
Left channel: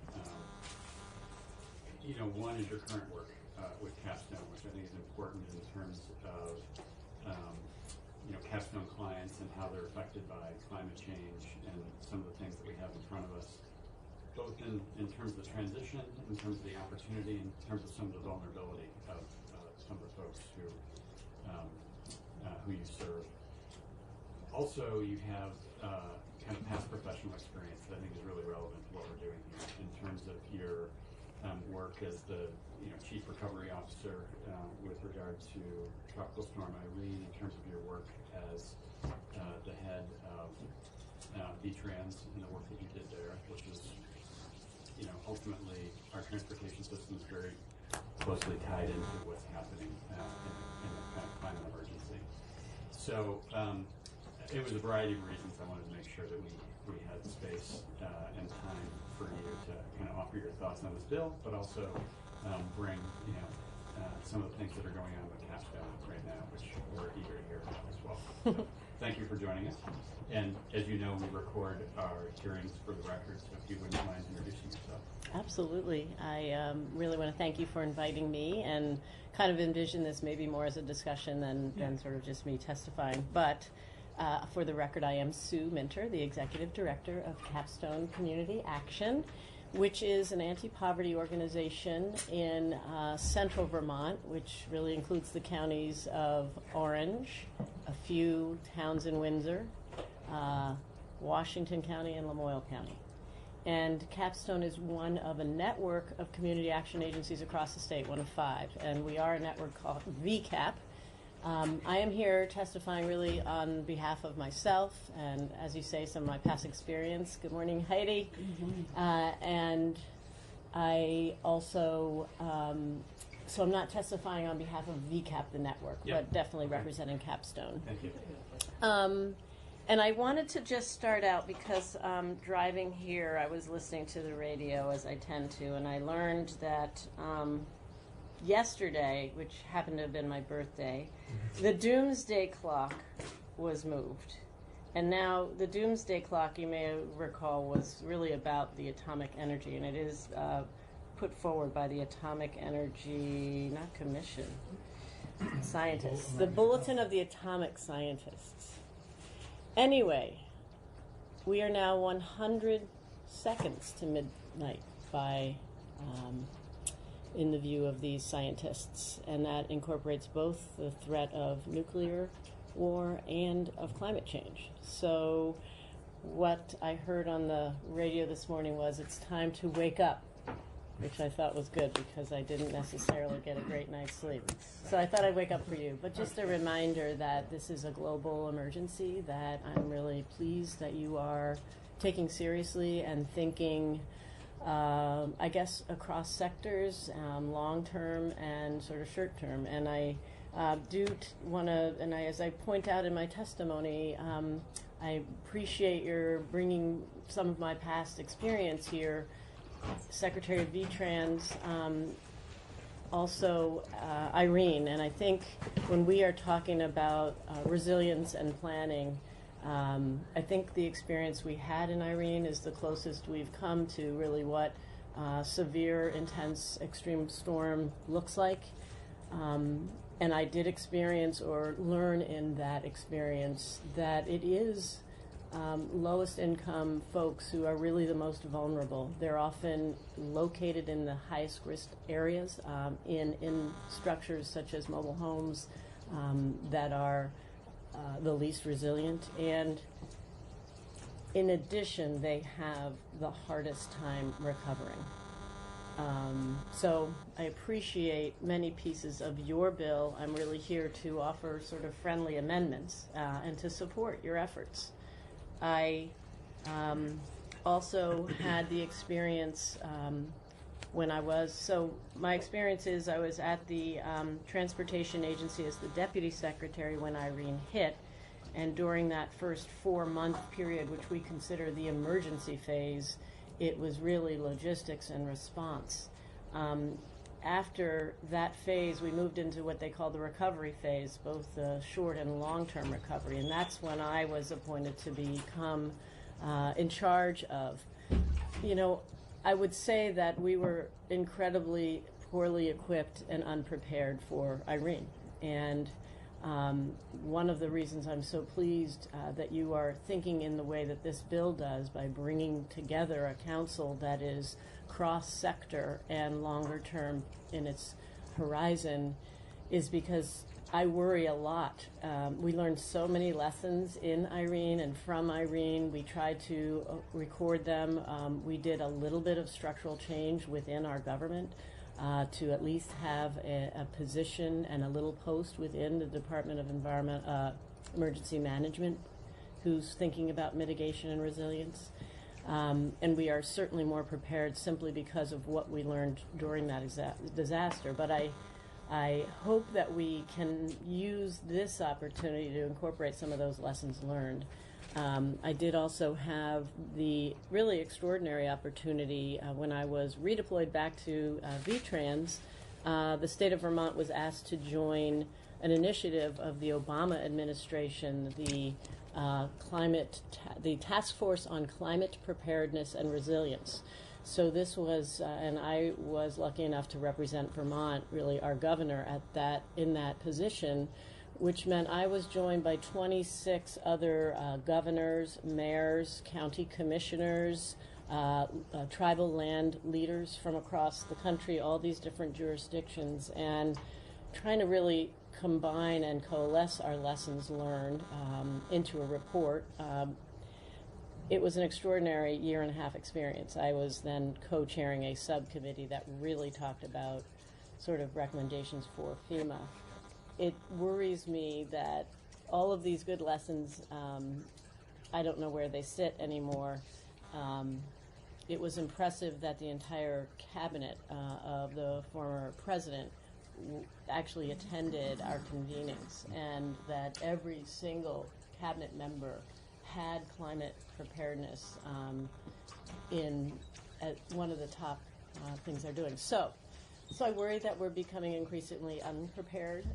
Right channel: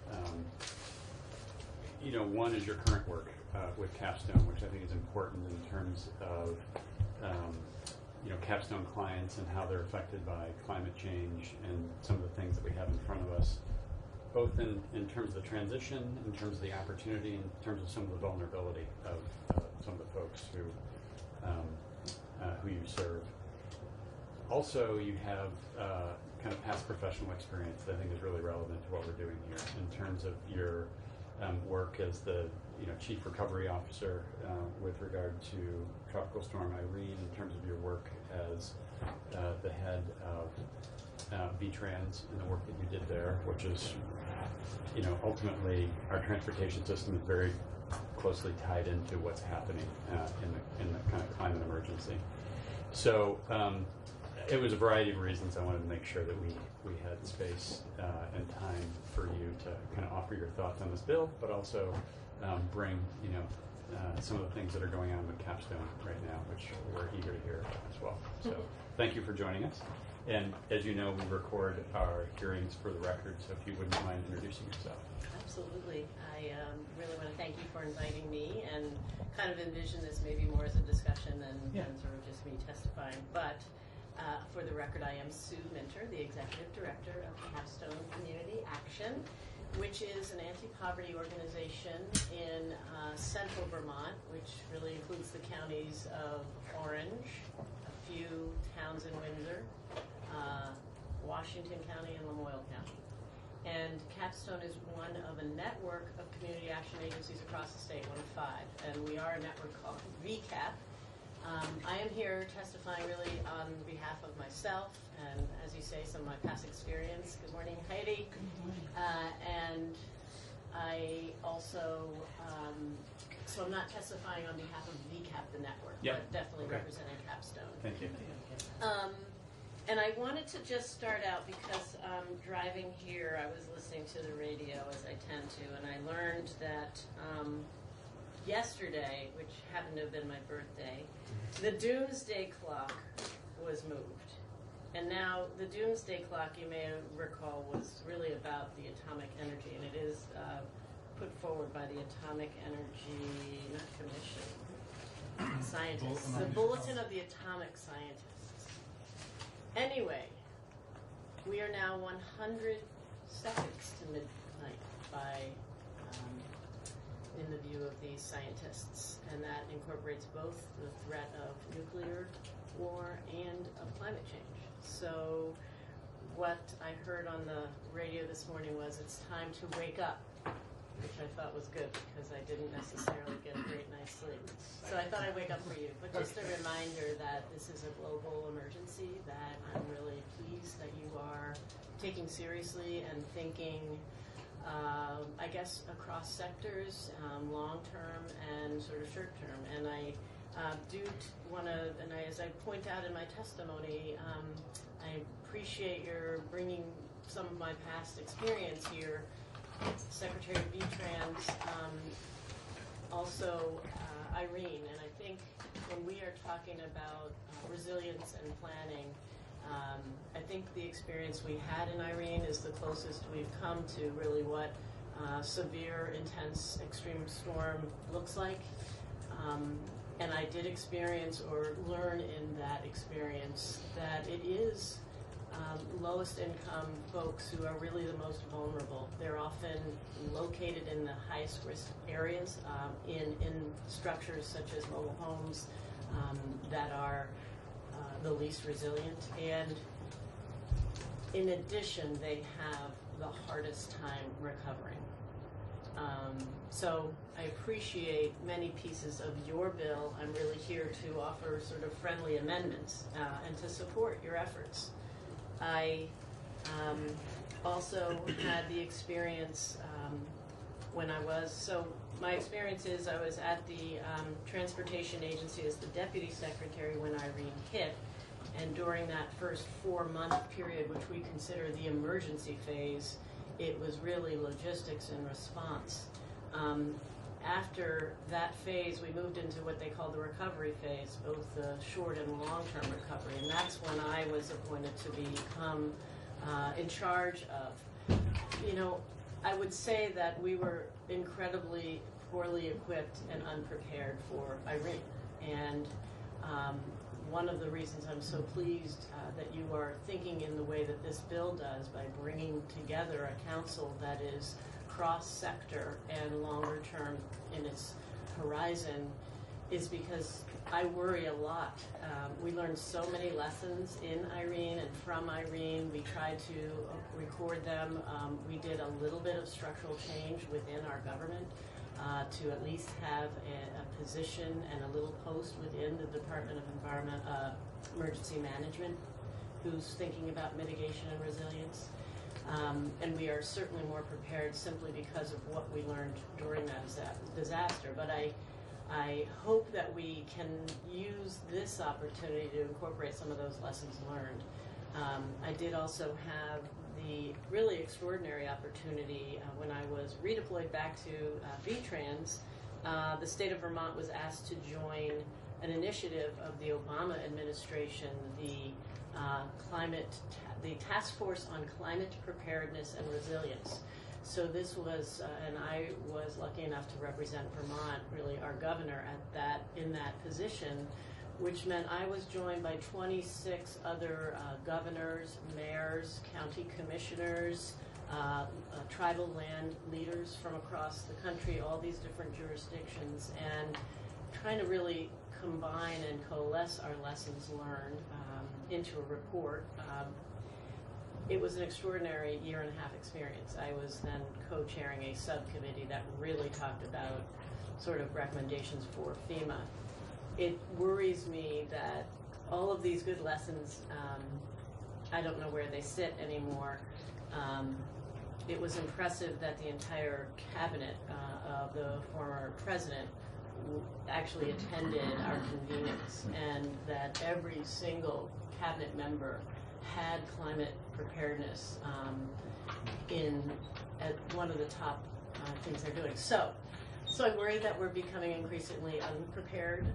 You know, one is your current work with Capstone, which I think is important in terms of you know, Capstone clients and how they're affected by climate change and some of the things that we have in front of us, both in terms of the transition, in terms of the opportunity, in terms of some of the vulnerability of some of the folks who you serve. Also, you have kind of past professional experience that I think is really relevant to what we're doing here in terms of your work as the Chief Recovery Officer with regard to Tropical Storm Irene, in terms of your work as the head of VTrans and the work that you did there, which is, ultimately our transportation system is very closely tied into what's happening in the kind of climate emergency. So it was a variety of reasons I wanted to make sure that we had space and time for you to kind of offer your thoughts on this bill, but also bring some of the things that are going on with Capstone right now, which we're eager to hear as well. So thank you for joining us. And as you know, we record our hearings for the record, so if you wouldn't mind introducing yourself. Absolutely. I really want to thank you for inviting me, and kind of envision this maybe more as a discussion than sort of just me testifying. But for the record, I am Sue Minter, the Executive Director of Capstone Community Action, which is an anti-poverty organization in central Vermont, which really includes the counties of Orange, a few towns in Windsor, Washington County, and Lamoille County. And Capstone is one of a network of community action agencies across the state, one of 5. And we are a network called VCAP. I am here testifying really on behalf of myself and, as you say, some of my past experience. Good morning, Heidi. And I also, so I'm not testifying on behalf of VCAP, the network, but definitely representing Capstone. Thank you. And I wanted to just start out because driving here, I was listening to the radio, as I tend to, and I learned that yesterday, which happened to have been my birthday, the doomsday clock was moved. And now the doomsday clock, you may recall, was really about the atomic energy, and it is put forward by the Atomic Energy, not Commission, scientists, the Bulletin of the Atomic Scientists. Anyway, we are now 100 seconds to midnight by in the view of these scientists, and that incorporates both the threat of nuclear war and of climate change. So what I heard on the radio this morning was it's time to wake up, which I thought was good because I didn't necessarily get a great night's sleep. So I thought I'd wake up for you. But just a reminder that this is a global emergency that I'm really pleased that you are taking seriously and thinking I guess across sectors, long-term and sort of short-term. And I do want to, and as I point out in my testimony, I appreciate your bringing some of my past experience here, Secretary of VTrans, also Irene. And I think when we are talking about resilience and planning, I think the experience we had in Irene is the closest we've come to really what severe, intense, extreme storm looks like. And I did experience or learn in that experience that it is lowest income folks who are really the most vulnerable. They're often located in the highest risk areas in structures such as mobile homes that are the least resilient, and in addition, they have the hardest time recovering. So I appreciate many pieces of your bill. I'm really here to offer sort of friendly amendments and to support your efforts. I also had the experience when I was, so my experience is I was at the Transportation Agency as the Deputy Secretary when Irene hit, and during that first 4-month period, which we consider the emergency phase, it was really logistics and response. After that phase, we moved into what they call the recovery phase, both the short and long-term recovery, and that's when I was appointed to become in charge of You know, I would say that we were incredibly poorly equipped and unprepared for Irene. And one of the reasons I'm so pleased that you are thinking in the way that this bill does by bringing together a council that is cross-sector and longer term in its horizon is because I worry a lot. We learned so many lessons in Irene and from Irene. We tried to record them. We did a little bit of structural change within our government to at least have a position and a little post within the Department of Emergency Management who's thinking about mitigation and resilience. And we are certainly more prepared simply because of what we learned during that disaster. But I hope that we can use this opportunity to incorporate some of those lessons learned. I did also have the really extraordinary opportunity when I was redeployed back to VTrans. The state of Vermont was asked to join an initiative of the Obama administration, the Task Force on Climate Preparedness and Resilience. So this was, and I was lucky enough to represent Vermont, really our governor in that position, which meant I was joined by 26 other governors, mayors, county commissioners, tribal land leaders from across the country, all these different jurisdictions, and trying to really combine and coalesce our lessons learned into a report. It was an extraordinary year-and-a-half experience. I was then co-chairing a subcommittee that really talked about sort of recommendations for FEMA. It worries me that all of these good lessons, I don't know where they sit anymore. It was impressive that the entire cabinet of the former president actually attended our convenings, and that every single cabinet member had climate preparedness at one of the top things they're doing. So I worry that we're becoming increasingly unprepared.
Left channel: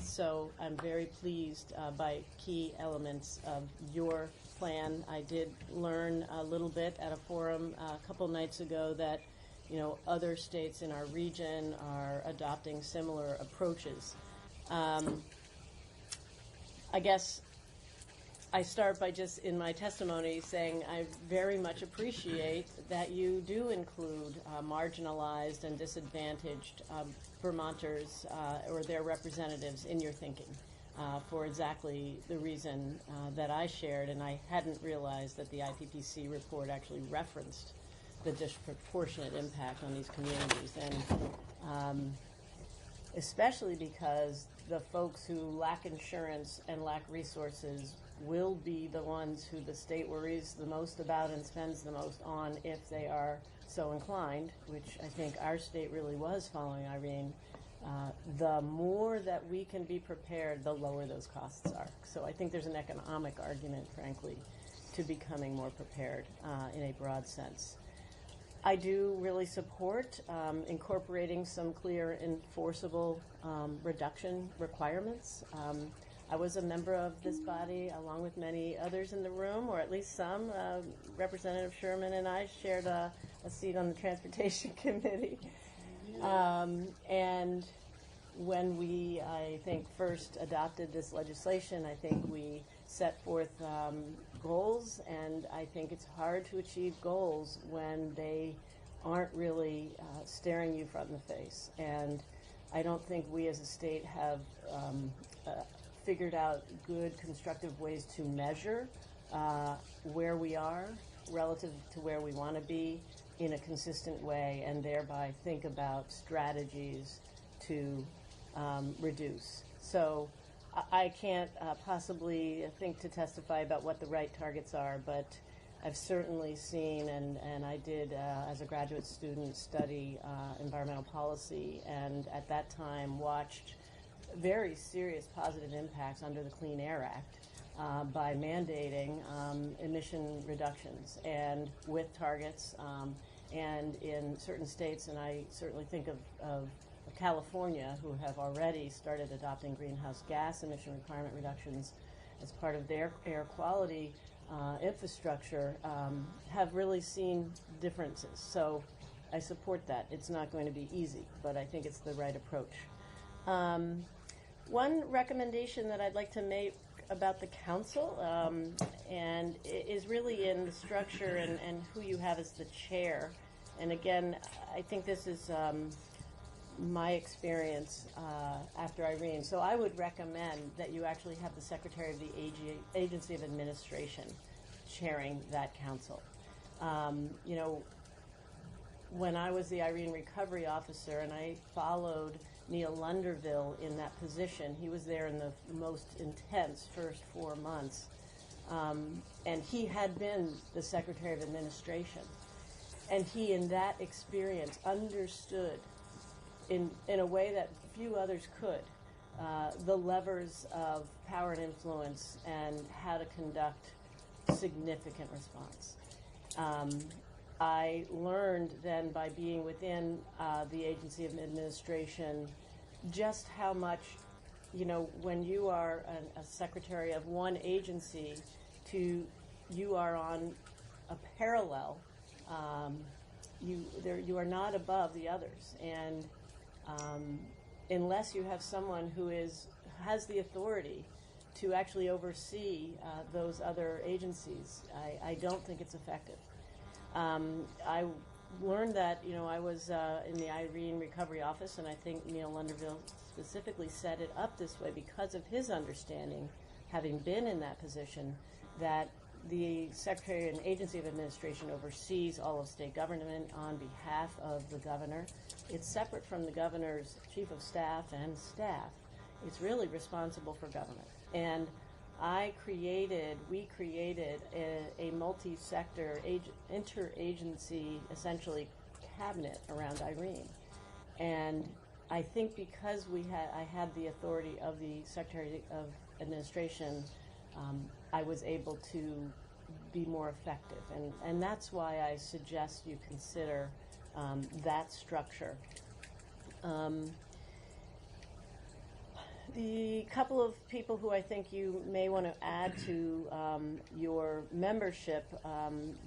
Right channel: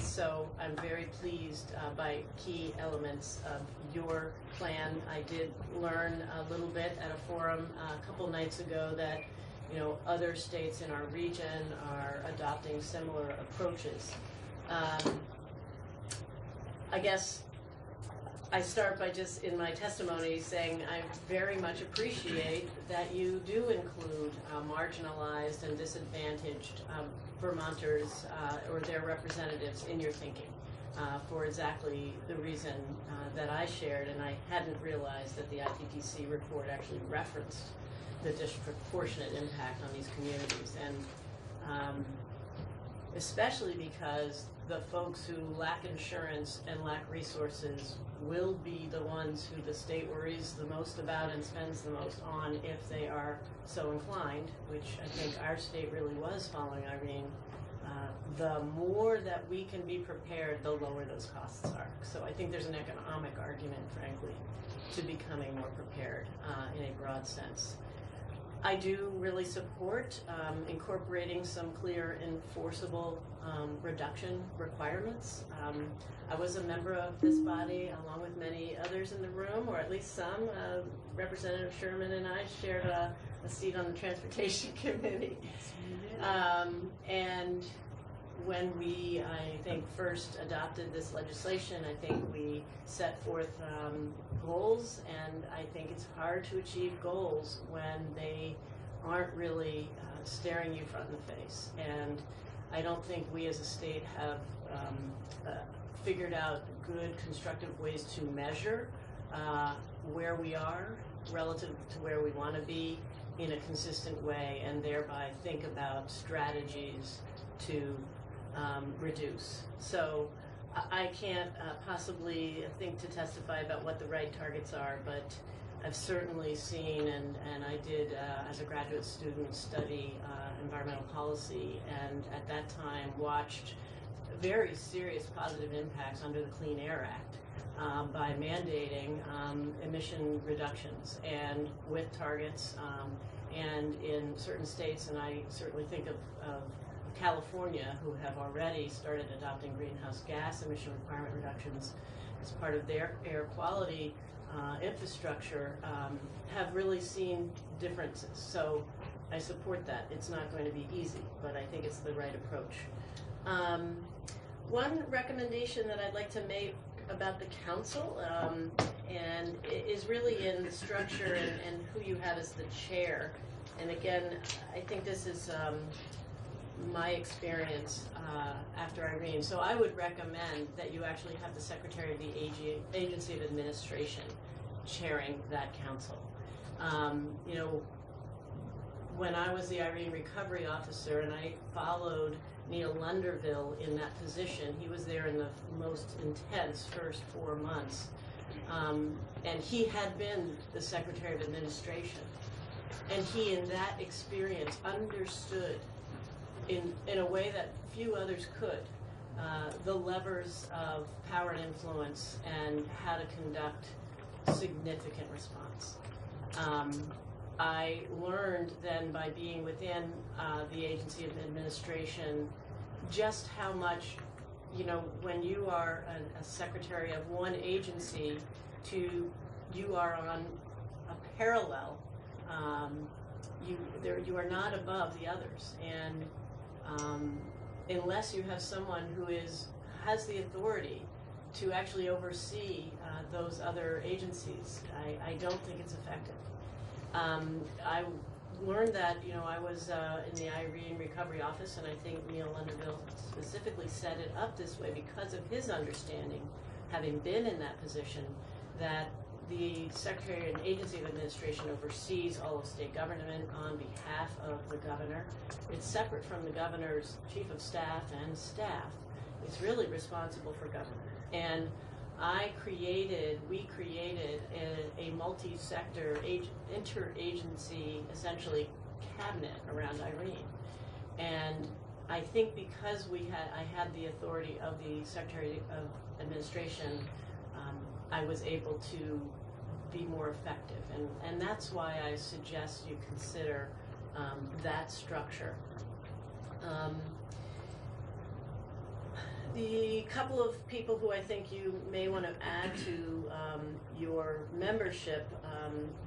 So I'm very pleased by key elements of your plan. I did learn a little bit at a forum a couple nights ago that other states in our region are adopting similar approaches. I guess I start by just in my testimony saying I very much appreciate that you do include marginalized and disadvantaged Vermonters or their representatives in your thinking for exactly the reason that I shared, and I hadn't realized that the IPPC report actually referenced the disproportionate impact on these communities, and especially because the folks who lack insurance and lack resources will be the ones who the state worries the most about and spends the most on if they are so inclined, which I think our state really was following Irene. The more that we can be prepared, the lower those costs are. So I think there's an economic argument, frankly, to becoming more prepared in a broad sense. I do really support incorporating some clear enforceable reduction requirements. I was a member of this body along with many others in the room, or at least some. Representative Sherman and I shared a seat on the Transportation Committee. And when we, I think, first adopted this legislation, I think we set forth goals, and I think it's hard to achieve goals when they aren't really staring you front in the face. And I don't think we as a state have figured out good, constructive ways to measure where we are relative to where we want to be in a consistent way, and thereby think about strategies to reduce. So I can't possibly think to testify about what the right targets are, but I've certainly seen, and I did as a graduate student study environmental policy, and at that time watched very serious positive impacts under the Clean Air Act by mandating emission reductions and with targets, and in certain states, and I certainly think of California, who have already started adopting greenhouse gas emission requirement reductions as part of their air quality infrastructure have really seen differences. So I support that. It's not going to be easy, but I think it's the right approach. One recommendation that I'd like to make about the council and is really in the structure and who you have as the chair. And again, I think this is my experience after Irene. So I would recommend that you actually have the Secretary of the Agency of Administration chairing that council. You know, when I was the Irene Recovery Officer and I followed Neil Lunderville in that position, he was there in the most intense first 4 months. And he had been the Secretary of Administration. And he, in that experience, understood in a way that few others could, the levers of power and influence and how to conduct significant response. I learned then by being within the Agency of Administration just how much, you know, when you are a secretary of one agency you are on a parallel, you are not above the others. And unless you have someone who has the authority to actually oversee those other agencies, I don't think it's effective. I learned that, you know, I was in the Irene Recovery Office, and I think Neil Lunderville specifically set it up this way because of his understanding, having been in that position, that the Secretary and Agency of Administration oversees all of state government on behalf of the governor. It's separate from the governor's chief of staff and staff. It's really responsible for government. And we created a multi-sector, interagency, essentially, cabinet around Irene. And I think because I had the authority of the Secretary of Administration, I was able to be more effective. And that's why I suggest you consider that structure. The couple of people who I think you may want to add to your membership,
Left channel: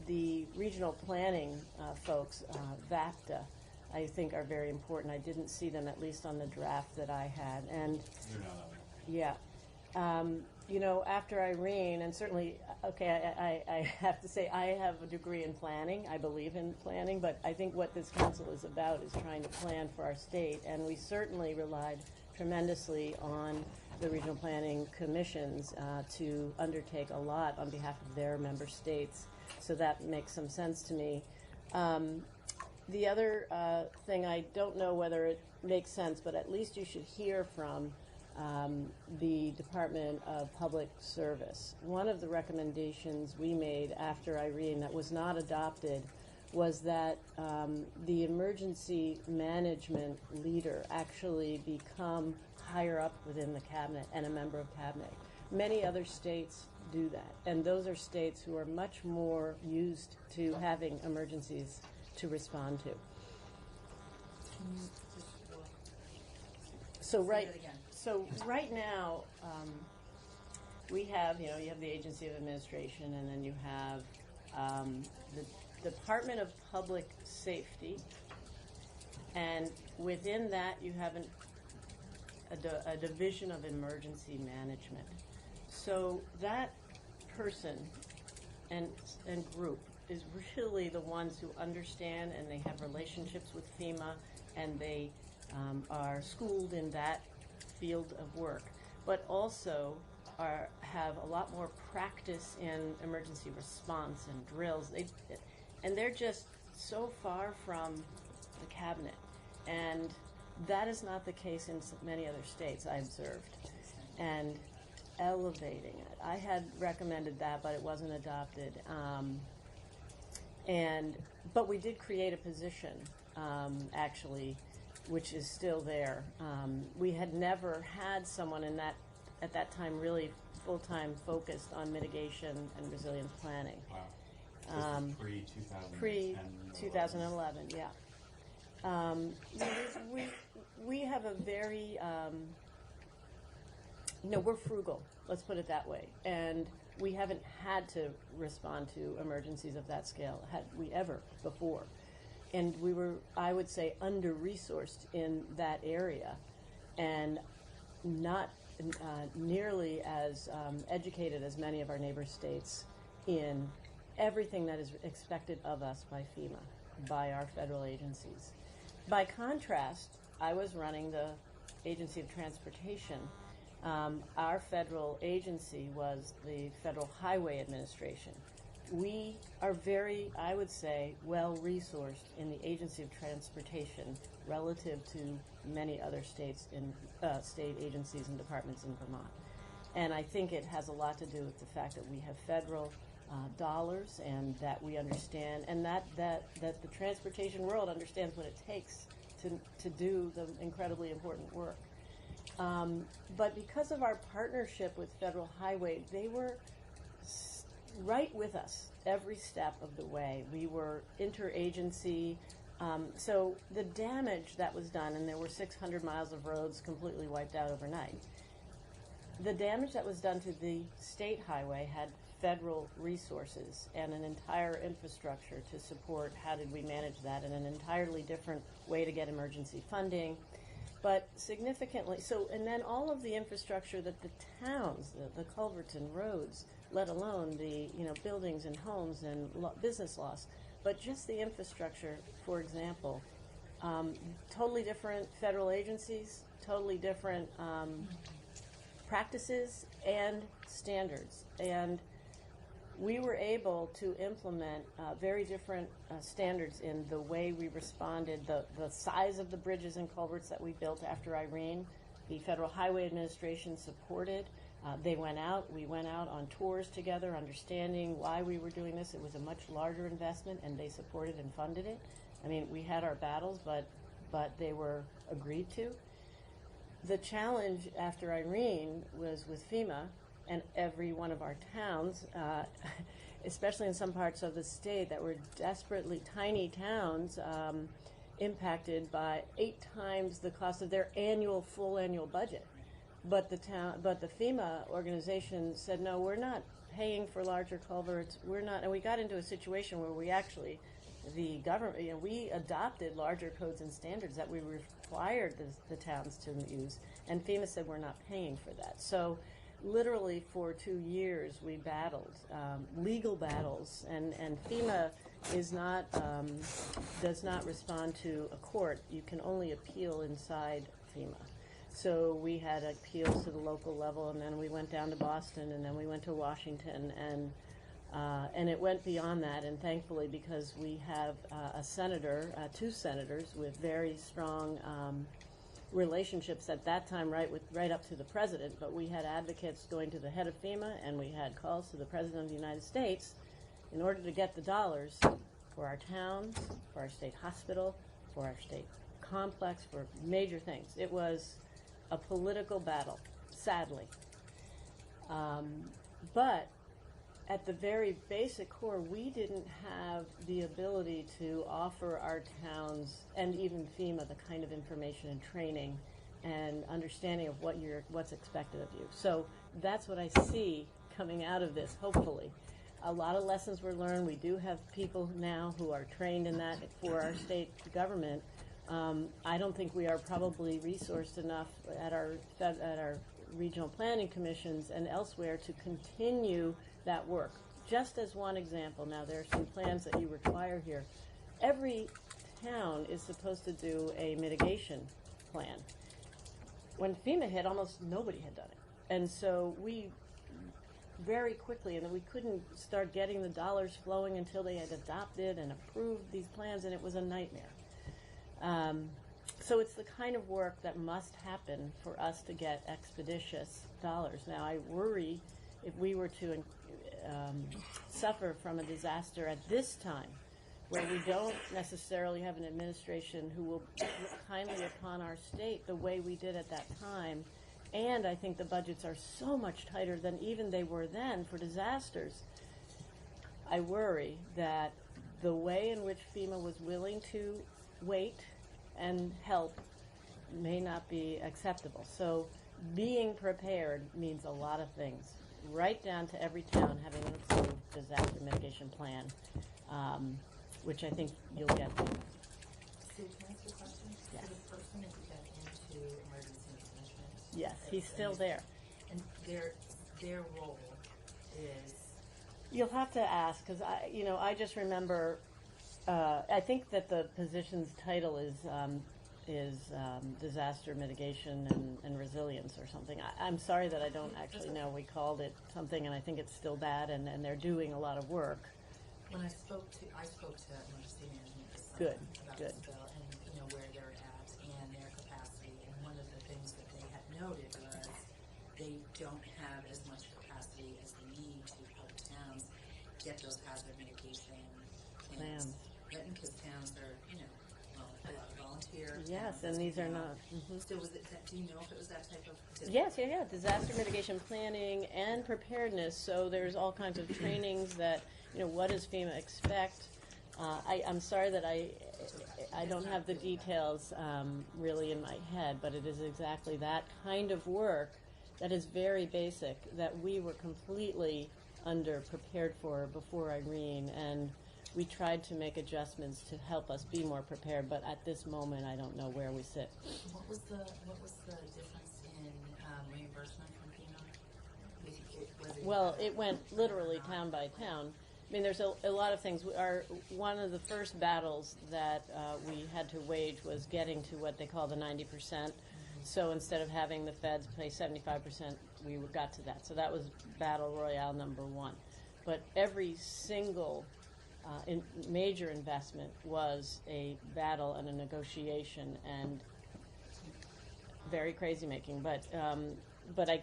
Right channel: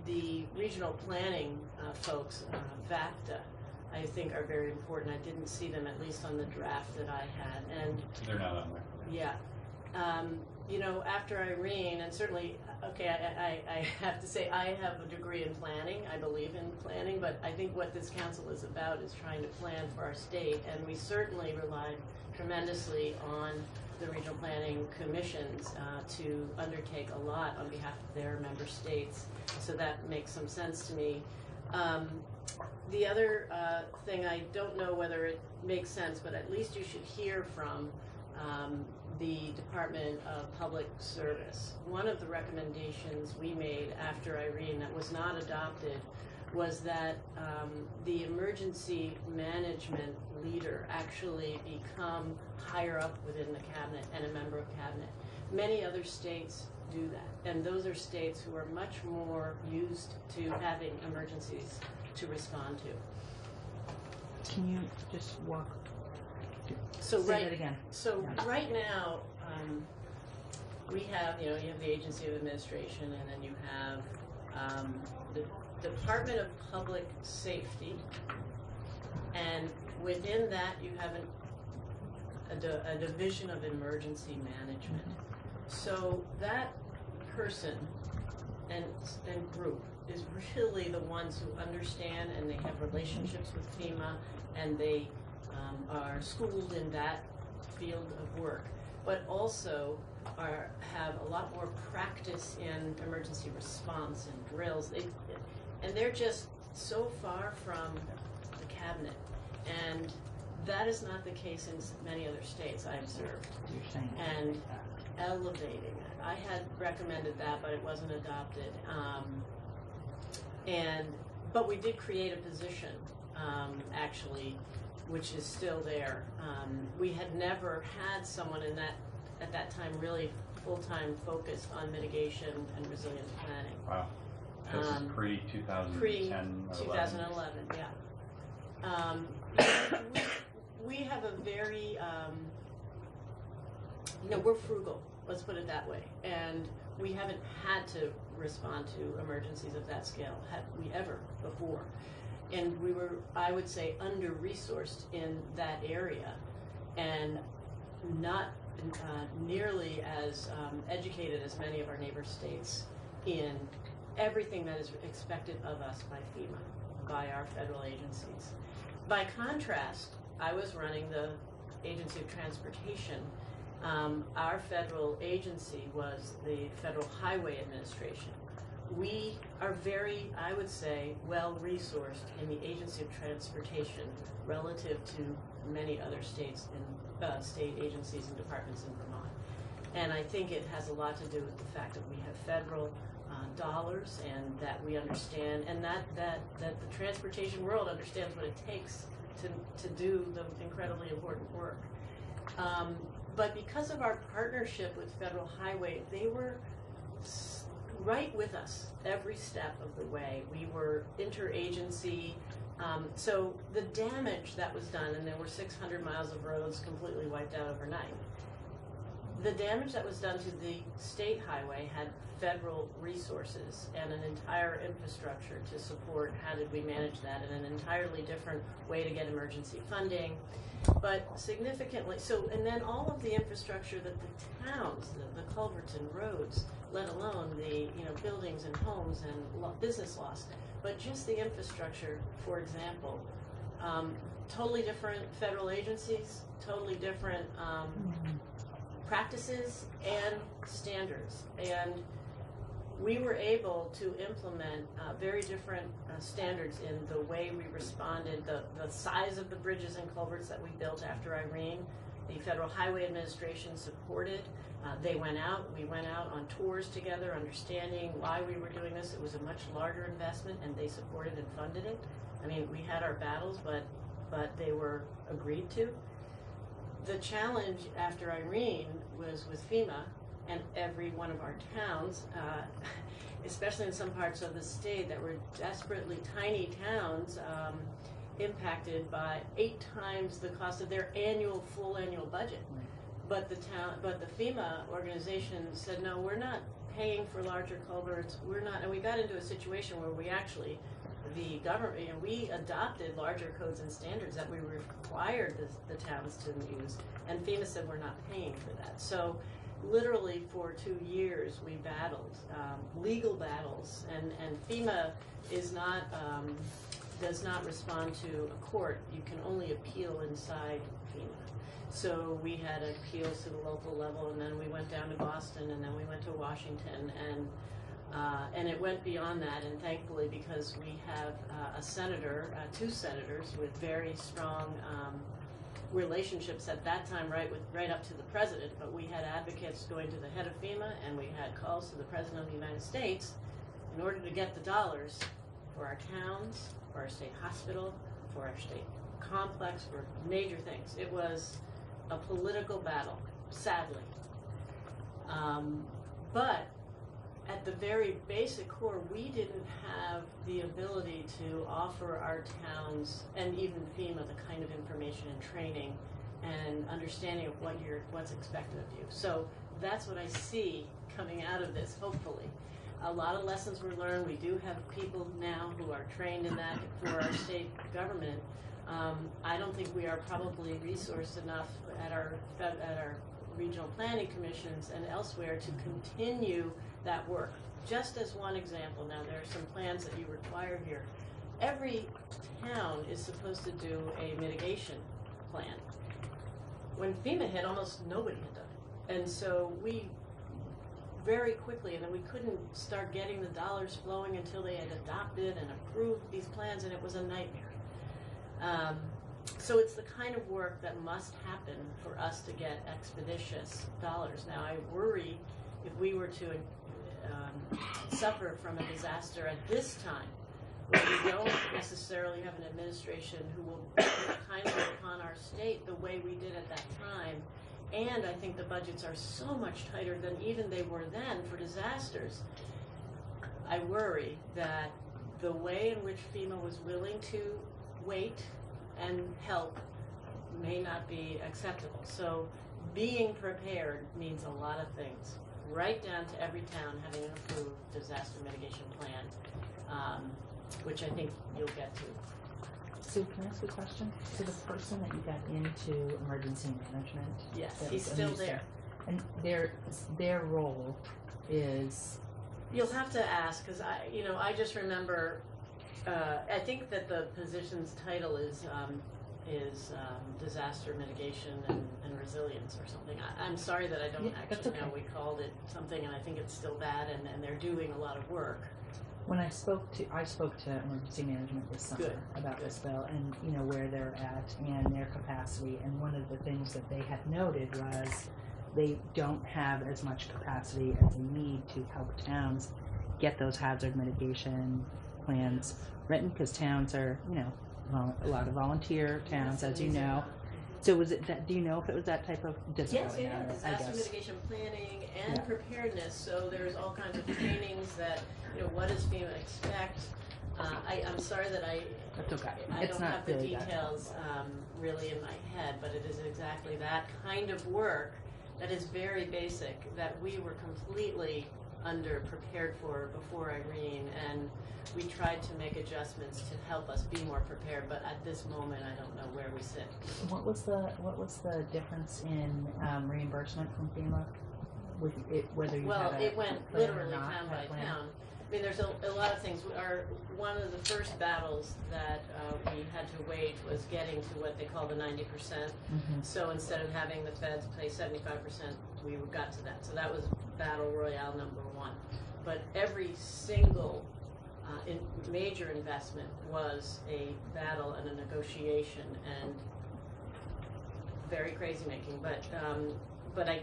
the regional planning folks, VACTA, I think are very important. I didn't see them, at least on the draft that I had. And they're not on there. Yeah. You know, after Irene, and certainly, okay, I have to say I have a degree in planning. I believe in planning, but I think what this council is about is trying to plan for our state, and we certainly relied tremendously on the regional planning commissions to undertake a lot on behalf of their member states, so that makes some sense to me. The other thing, I don't know whether it makes sense, but at least you should hear from the Department of Public Service. One of the recommendations we made after Irene that was not adopted was that the emergency management leader actually become higher up within the cabinet and a member of cabinet. Many other states do that, and those are states who are much more used to having emergencies to respond to. Can you just walk? So Say right, that again. So Yeah. right now, we have, you know, you have the Agency of Administration, and then you have the Department of Public Safety, and within that you have a division of emergency management. So that person and group is really the ones who understand, and they have relationships with FEMA, and they are schooled in that field of work, but also have a lot more practice in emergency response and drills. And they're just so far from the cabinet, and that is not the case in many other states, I observed. And elevating it. I had recommended that, but it wasn't adopted. But we did create a position, actually, which is still there. We had never had someone at that time really full-time focused on mitigation and resilience planning. Wow. This is pre-2010 Pre-2011, yeah. We have a very, you know, we're frugal, let's put it that way. And We haven't had to respond to emergencies of that scale, had we ever before. And we were, I would say, under-resourced in that area and not nearly as educated as many of our neighbor states in everything that is expected of us by FEMA, by our federal agencies. By contrast, I was running the Agency of Transportation. Our federal agency was the Federal Highway Administration. We are very, I would say, well-resourced in the Agency of Transportation relative to many other states in state agencies and departments in Vermont. And I think it has a lot to do with the fact that we have federal dollars and that we understand, and that the transportation world understands what it takes to do the incredibly important work. But because of our partnership with Federal Highway, they were right with us every step of the way. We were interagency. So the damage that was done, and there were 600 miles of roads completely wiped out overnight, the damage that was done to the state highway had federal resources and an entire infrastructure to support how did we manage that, and an entirely different way to get emergency funding. But significantly, so, and then all of the infrastructure that the towns, the culverts and roads, let alone the buildings and homes and business loss, but just the infrastructure, for example, totally different federal agencies, totally different practices and standards. And we were able to implement very different standards in the way we responded, the size of the bridges and culverts that we built after Irene. The Federal Highway Administration supported. They went out, we went out on tours together, understanding why we were doing this. It was a much larger investment, and they supported and funded it. I mean, we had our battles, but they were agreed to. The challenge after Irene was with FEMA and every one of our towns, especially in some parts of the state that were desperately tiny towns, impacted by 8 times the cost of their full annual budget. But the FEMA organization said, no, we're not paying for larger culverts. We're not, and we got into a situation where we actually, the government, we adopted larger codes and standards that we required the towns to use, and FEMA said we're not paying for that. So literally for 2 years we battled legal battles, and FEMA is not does not respond to a court. You can only appeal inside FEMA. So we had appeals to the local level, and then we went down to Boston, and then we went to Washington, and it went beyond that. And thankfully, because we have a senator, 2 senators with very strong relationships at that time, right up to the president, but we had advocates going to the head of FEMA, and we had calls to the president of the United States in order to get the dollars for our towns, for our state hospital, for our state complex, for major things. It was a political battle, sadly. But at the very basic core, we didn't have the ability to offer our towns and even FEMA the kind of information and training and understanding of what's expected of you. So that's what I see coming out of this, hopefully. A lot of lessons were learned. We do have people now who are trained in that for our state government. I don't think we are probably resourced enough at our regional planning commissions and elsewhere to continue that work. Just as one example, now there are some plans that you require here. Every town is supposed to do a mitigation plan. When FEMA hit, almost nobody had done it. And so we very quickly, and then we couldn't start getting the dollars flowing until they had adopted and approved these plans, and it was a nightmare. So it's the kind of work that must happen for us to get expeditious dollars. Now, I worry if we were to suffer from a disaster at this time, where we don't necessarily have an administration who will kindly upon our state the way we did at that time, and I think the budgets are so much tighter than even they were then for disasters. I worry that the way in which FEMA was willing to wait and help may not be acceptable. So being prepared means a lot of things right down to every town having an approved disaster mitigation plan, which I think you'll get to. Sue, can I ask a question? So the person that you got into emergency management? Yes, that he's was still understand- there. And their role is? You'll have to ask, because I just remember, I think that the position's title is disaster mitigation and resilience or something. I'm sorry that I don't Yeah, that's actually know. okay. We called it something, and I think it's still that, and they're doing a lot of work. When I spoke to emergency management this summer Good, about good. this bill and, where they're at and their capacity. And one of the things that they had noted was they don't have as much capacity as they need to help towns get those hazard mitigation plans written, because towns are, a lot of volunteer towns, Yes, and as you these are know. not. Mhm. So was it that? Do you know if it was that type of Yes, discipline? disaster mitigation planning and Yeah. preparedness. So there's all kinds of trainings that, what does FEMA expect? I'm sorry that That's okay. I It's don't not have the really that details really in my head, but it is exactly that kind of work that is very basic that we were completely under-prepared for before Irene, and we tried to make adjustments to help us be more prepared, but at this moment, I don't know where we sit. What was the difference in reimbursement from FEMA with it, whether you Well, had a it went plan or literally not, town by that plan? town. I mean, there's a lot of things. One of the first battles that we had to wage was getting to what they call the 90%. Mhm. So instead of having the feds pay 75%, we got to that. So that was battle royale number one. But every single major investment was a battle and a negotiation and very crazy making. But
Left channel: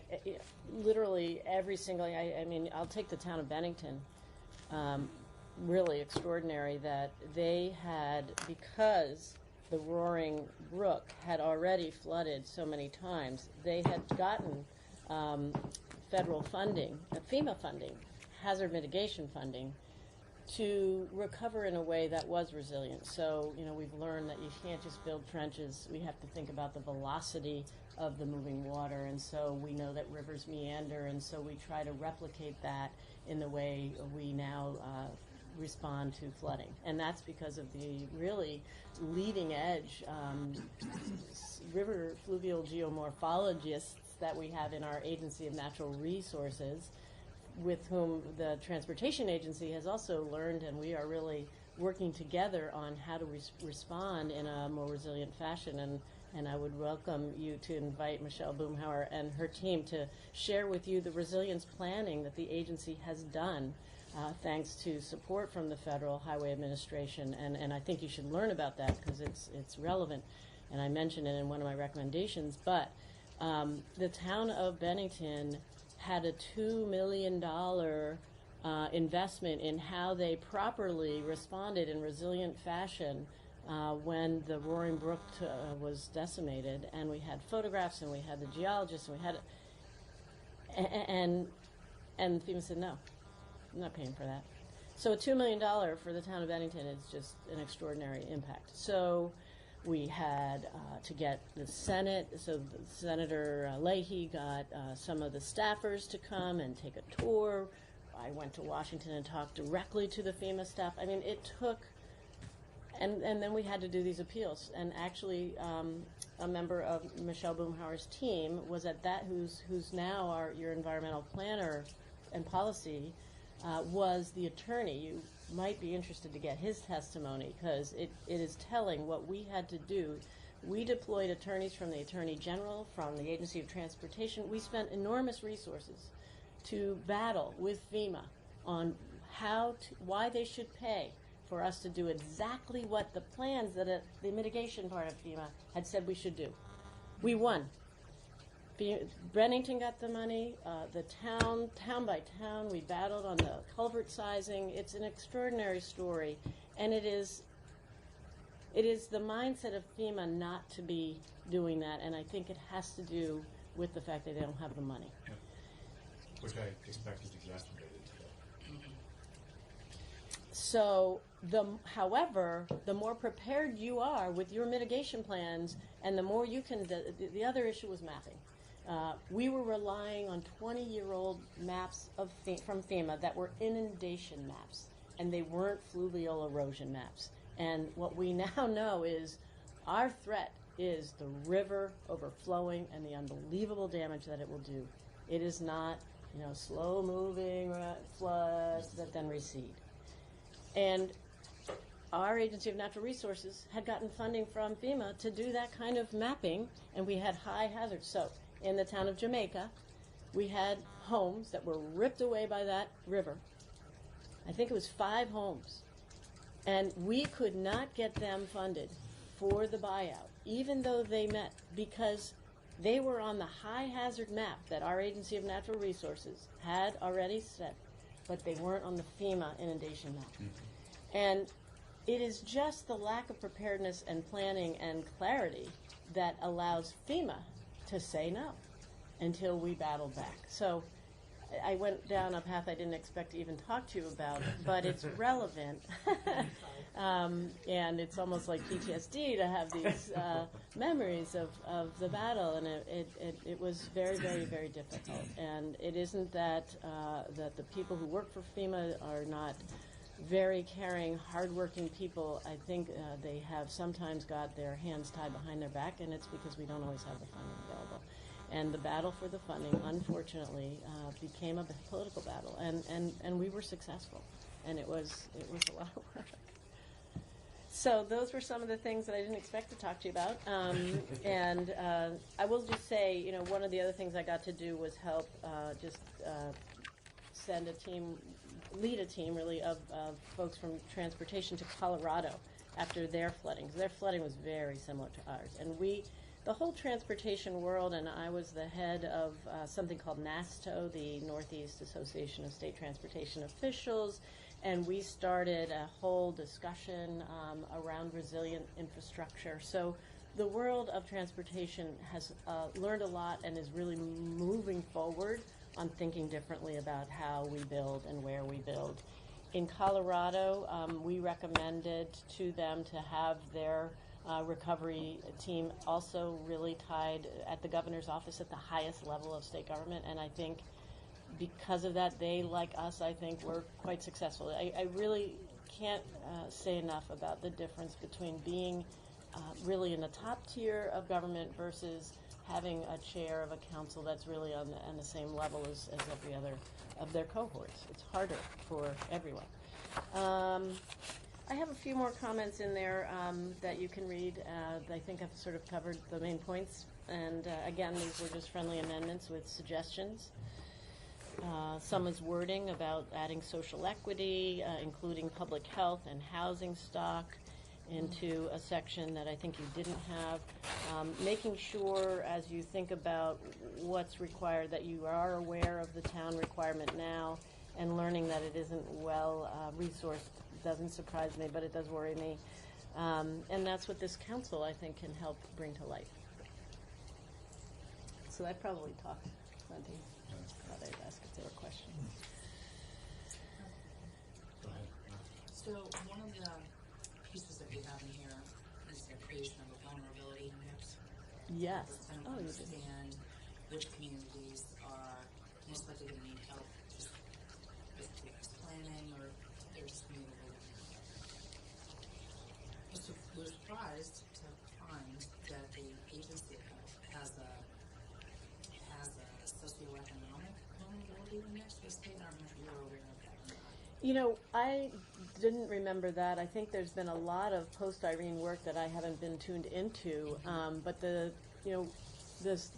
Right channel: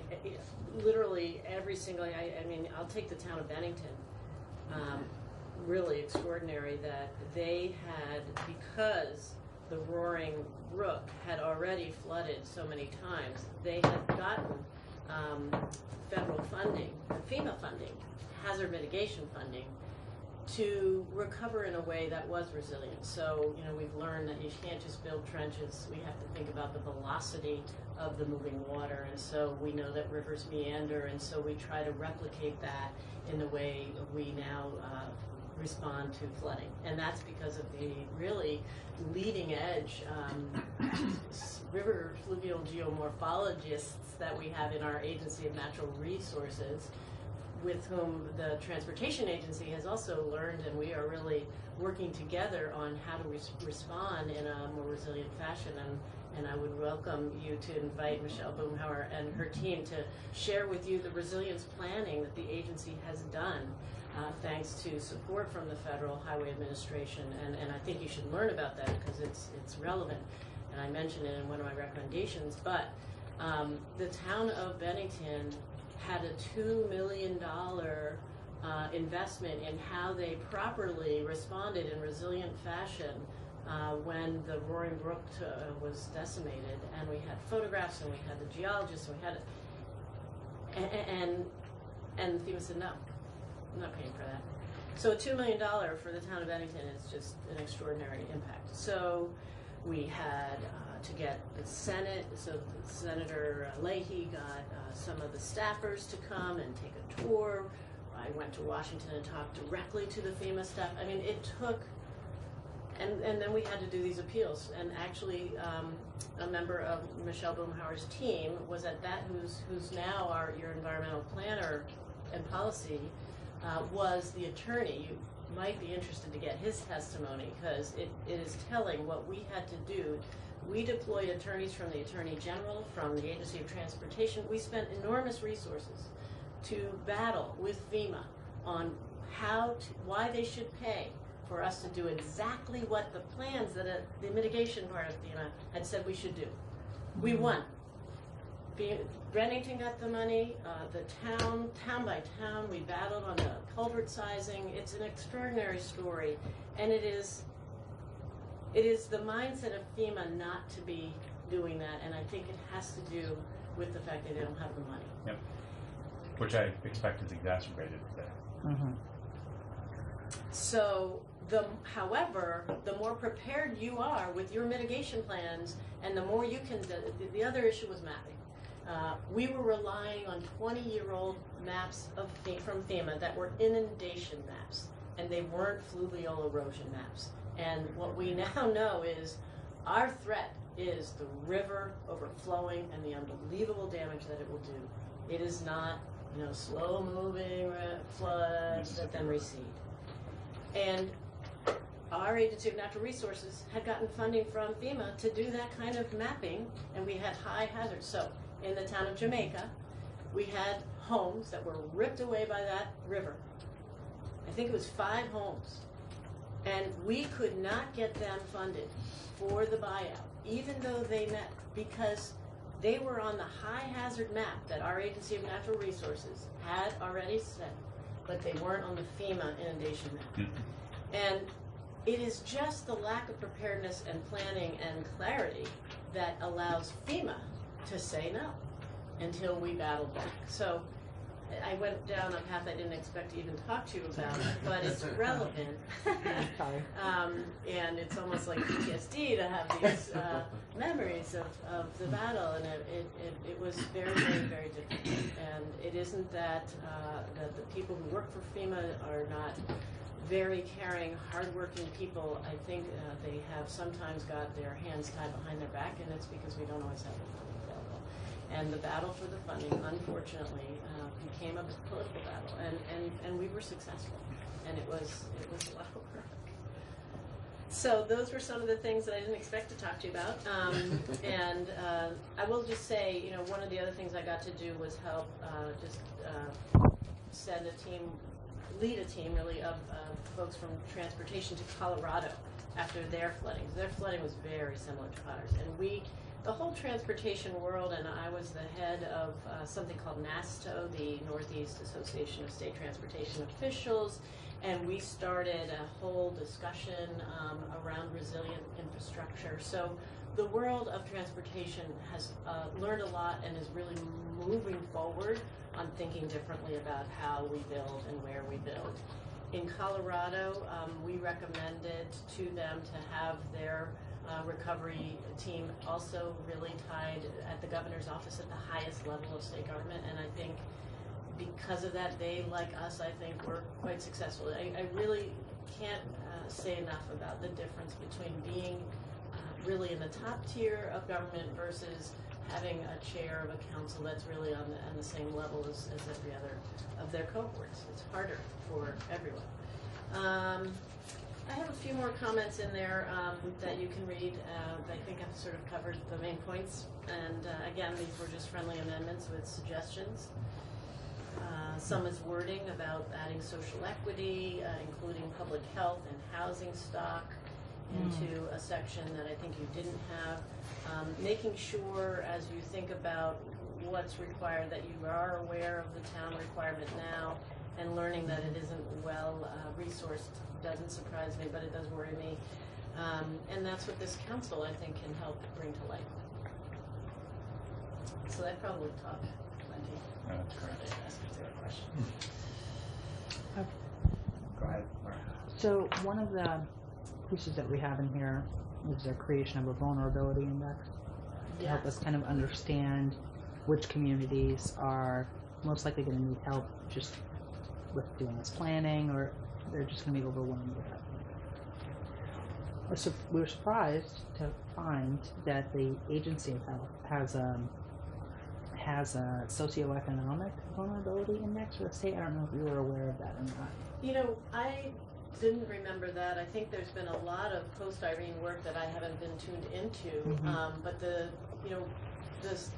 literally every single, I mean, I'll take the town of Bennington. Really extraordinary that they had, because the Roaring Brook had already flooded so many times, they had gotten federal funding, FEMA funding, hazard mitigation funding, to recover in a way that was resilient. So, we've learned that you can't just build trenches. We have to think about the velocity of the moving water. And so we know that rivers meander, and so we try to replicate that in the way we now respond to flooding. And that's because of the really leading edge river fluvial geomorphologists that we have in our Agency of Natural Resources, with whom the Transportation Agency has also learned, and we are really working together on how to respond in a more resilient fashion. And I would welcome you to invite Michelle Boomhauer and her team to share with you the resilience planning that the agency has done, thanks to support from the Federal Highway Administration. And I think you should learn about that because it's relevant. And I mentioned it in one of my recommendations, but the town of Bennington had a $2 million investment in how they properly responded in resilient fashion when the Roaring Brook was decimated. And we had photographs, and we had the geologists, and we had, and FEMA said, no, I'm not paying for that. So $2 million for the town of Bennington is just an extraordinary impact. So we had to get the Senate, so Senator Leahy got some of the staffers to come and take a tour. I went to Washington and talked directly to the FEMA staff. I mean, it took, and then we had to do these appeals. And actually, a member of Michelle Boomhauer's team was at that, who's now your environmental planner and policy, was the attorney. You might be interested to get his testimony because it is telling what we had to do. We deployed attorneys from the Attorney General, from the Agency of Transportation. We spent enormous resources to battle with FEMA on why they should pay for us to do exactly what the plans that the mitigation part of FEMA had said we should do. We won. Bennington got the money, the town by town, we battled on the culvert sizing. It's an extraordinary story, and it is the mindset of FEMA not to be doing that, and I think it has to do with the fact that they don't have the money. Yep. Which I expect is exacerbated today. Mm-hmm. So, however, the more prepared you are with your mitigation plans, and the more you can, the other issue was mapping. We were relying on 20-year-old maps from FEMA that were inundation maps, and they weren't fluvial erosion maps. And what we now know is our threat is the river overflowing and the unbelievable damage that it will do. It is not, slow-moving floods that then recede. And our Agency of Natural Resources had gotten funding from FEMA to do that kind of mapping, and we had high hazards. So in the town of Jamaica, we had homes that were ripped away by that river. I think it was 5 homes. And we could not get them funded for the buyout, even though they met, because they were on the high hazard map that our Agency of Natural Resources had already set, but they weren't on the FEMA inundation map. And it is just the lack of preparedness and planning and clarity that allows FEMA to say no until we battle back. So I went down a path I didn't expect to even talk to you about, but it's relevant. And it's almost like PTSD to have these memories of the battle, and it was very, very, very difficult. And it isn't that the people who work for FEMA are not very caring, hardworking people. I think they have sometimes got their hands tied behind their back, and it's because we don't always have the funding available. And the battle for the funding, unfortunately, became a political battle, and we were successful, and it was a lot of work. So those were some of the things that I didn't expect to talk to you about. And I will just say, one of the other things I got to do was help send a team, lead a team really of folks from transportation to Colorado after their flooding. Their flooding was very similar to ours, and the whole transportation world, and I was the head of something called NASTO, the Northeast Association of State Transportation Officials, and we started a whole discussion around resilient infrastructure. So the world of transportation has learned a lot and is really moving forward on thinking differently about how we build and where we build. In Colorado, we recommended to them to have their recovery team also really tied at the governor's office at the highest level of state government, and I think because of that, they, like us, I think, were quite successful. I really can't say enough about the difference between being really in the top tier of government versus having a chair of a council that's really on the same level as every other of their cohorts. It's harder for everyone. I have a few more comments in there that you can read. I think I've sort of covered the main points. And again, these were just friendly amendments with suggestions. Some is wording about adding social equity, including public health and housing stock into a section that I think you didn't have. Making sure as you think about what's required that you are aware of the town requirement now and learning that it isn't well resourced doesn't surprise me, but it does worry me. And that's what this council, I think, can help bring to light. So I probably talked plenty. No, that's correct. I'd ask if there are questions. Go ahead, Laura. So one of the pieces that we have in here is the creation of a vulnerability index to help us kind of understand which communities are most likely going to need help just with doing this planning, or they're just going to be overwhelmed with it. So we were surprised to find that the Agency of Health has a socioeconomic vulnerability index for the state. I don't know if you were aware of that or not. I didn't remember that. I think there's been a lot of post-Irene work that I haven't been tuned into, but the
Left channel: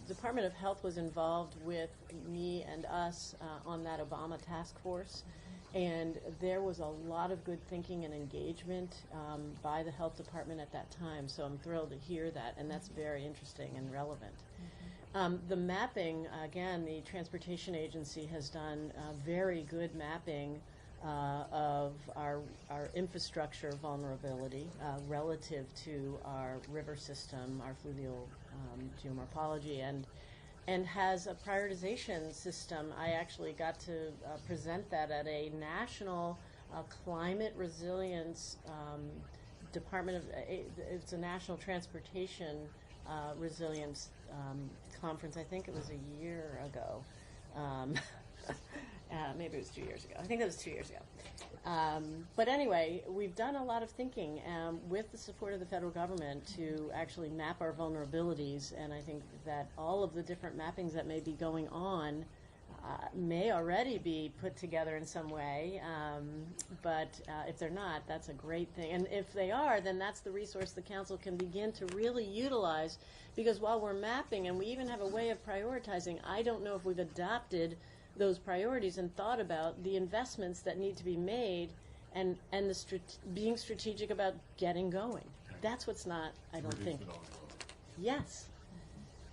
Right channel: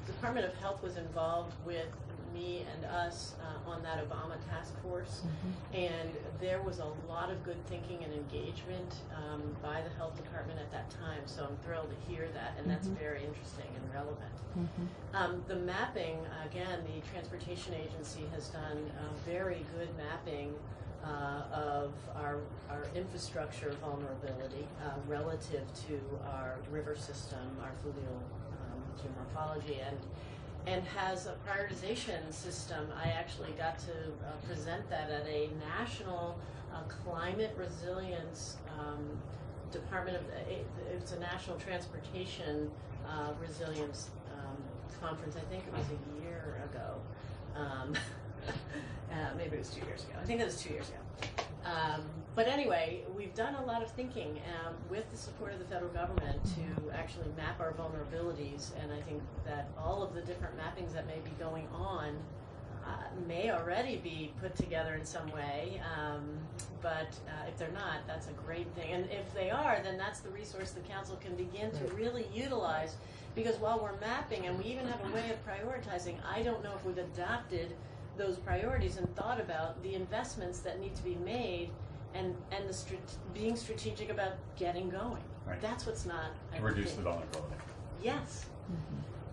Department of Health was involved with me and us on that Obama task force, and there was a lot of good thinking and engagement by the health department at that time, so I'm thrilled to hear that, and that's very interesting and relevant. The mapping, again, the Transportation Agency has done very good mapping of our infrastructure vulnerability relative to our river system, our fluvial geomorphology, and has a prioritization system. I actually got to present that at a national climate resilience it's a national transportation resilience conference, I think it was a year ago. Maybe it was 2 years ago. I think it was 2 years ago. But anyway, we've done a lot of thinking with the support of the federal government to actually map our vulnerabilities, and I think that all of the different mappings that may be going on may already be put together in some way, but if they're not, that's a great thing. And if they are, then that's the resource the council can begin to really utilize, because while we're mapping, and we even have a way of prioritizing, I don't know if we've adopted those priorities and thought about the investments that need to be made, and being strategic about getting going. Right. That's what's not, I To reduce think. the vulnerability. Yes.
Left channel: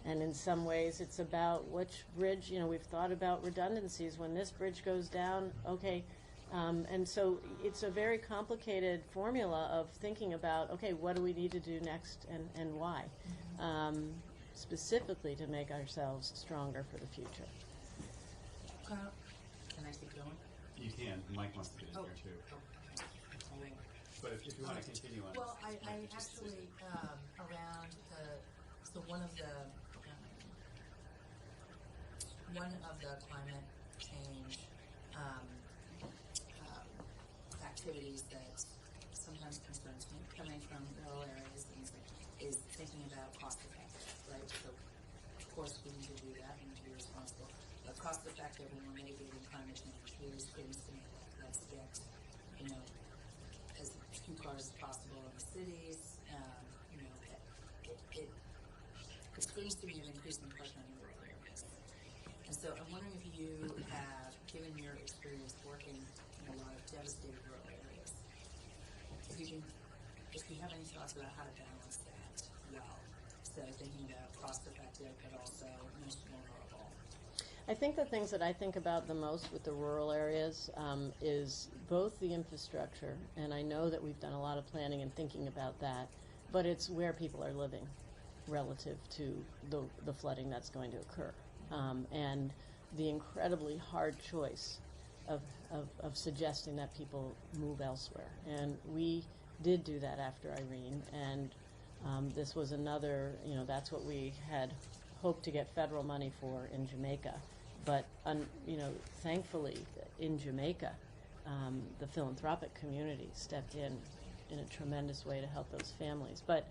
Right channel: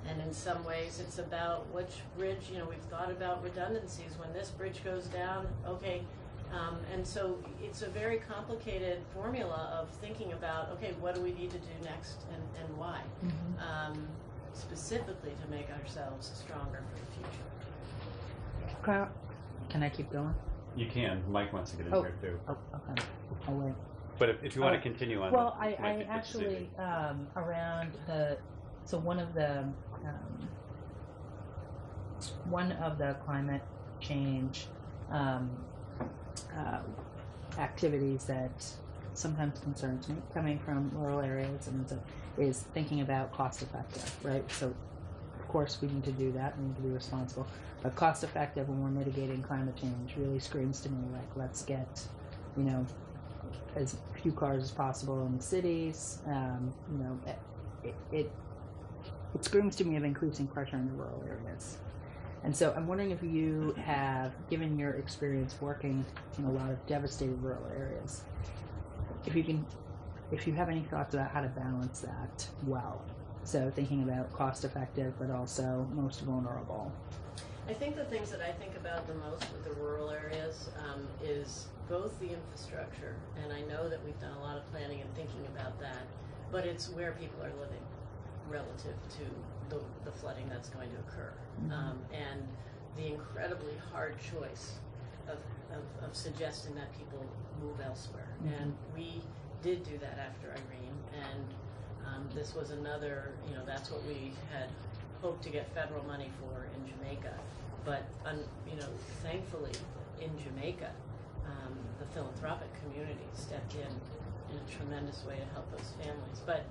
And in some ways, it's about which bridge, we've thought about redundancies. When this bridge goes down, okay. And so it's a very complicated formula of thinking about, okay, what do we need to do next and why? Specifically to make ourselves stronger for the future. Can I keep going? You can. Mike wants to get in here too. Oh, okay. I'll wait. But if you want to continue on well, this, I actually around one of the climate change activities that sometimes concerns me, coming from rural areas, and is thinking about cost effective, right? So, of course, we need to do that. We need to be responsible. But cost effective when we're mitigating climate change really screams to me like, let's get, as few cars as possible in the cities. It screams to me of increasing pressure in the rural areas. And so I'm wondering if you have, given your experience working in a lot of devastated rural areas, if you have any thoughts about how to balance that well. So thinking about cost effective, but also most vulnerable. I think the things that I think about the most with the rural areas is both the infrastructure, and I know that we've done a lot of planning and thinking about that, but it's where people are living relative to the flooding that's going to occur. And the incredibly hard choice of suggesting that people move elsewhere. And we did do that after Irene, and this was another, that's what we had hoped to get federal money for in Jamaica. But, thankfully, in Jamaica, the philanthropic community stepped in a tremendous way to help those families. But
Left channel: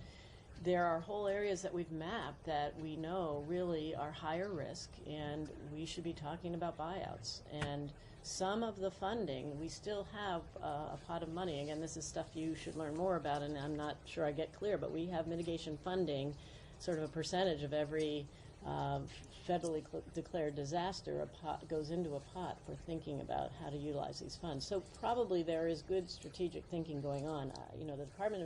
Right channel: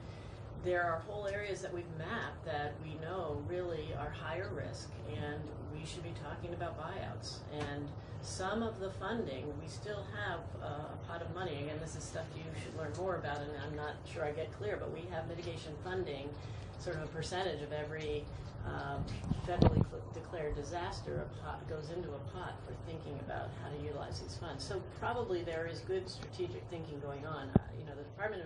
there are whole areas that we've mapped that we know really are higher risk, and we should be talking about buyouts. And some of the funding, we still have a pot of money. Again, this is stuff you should learn more about, and I'm not sure I get clear, but we have mitigation funding, sort of a percentage of every federally declared disaster, a pot goes into a pot for thinking about how to utilize these funds. So probably there is good strategic thinking going on. The Department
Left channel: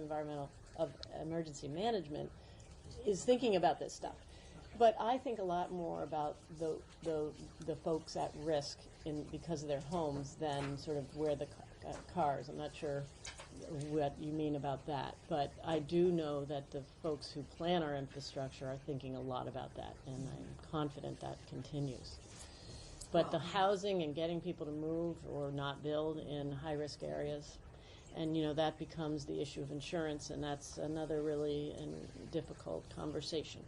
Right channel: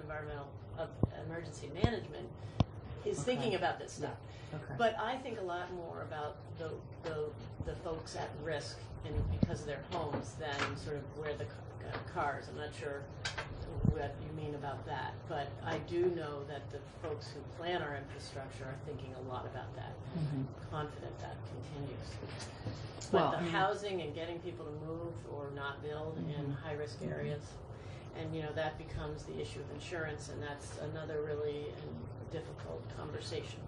of Emergency Management is thinking about this stuff. Okay. But I think a lot more about the folks at risk because of their homes than sort of where the cars. I'm not sure what you mean about that, but I do know that the folks who plan our infrastructure are thinking a lot about that, and I'm confident that continues. But the housing and getting people to move or not build in high-risk areas, and that becomes the issue of insurance, and that's another really difficult conversation.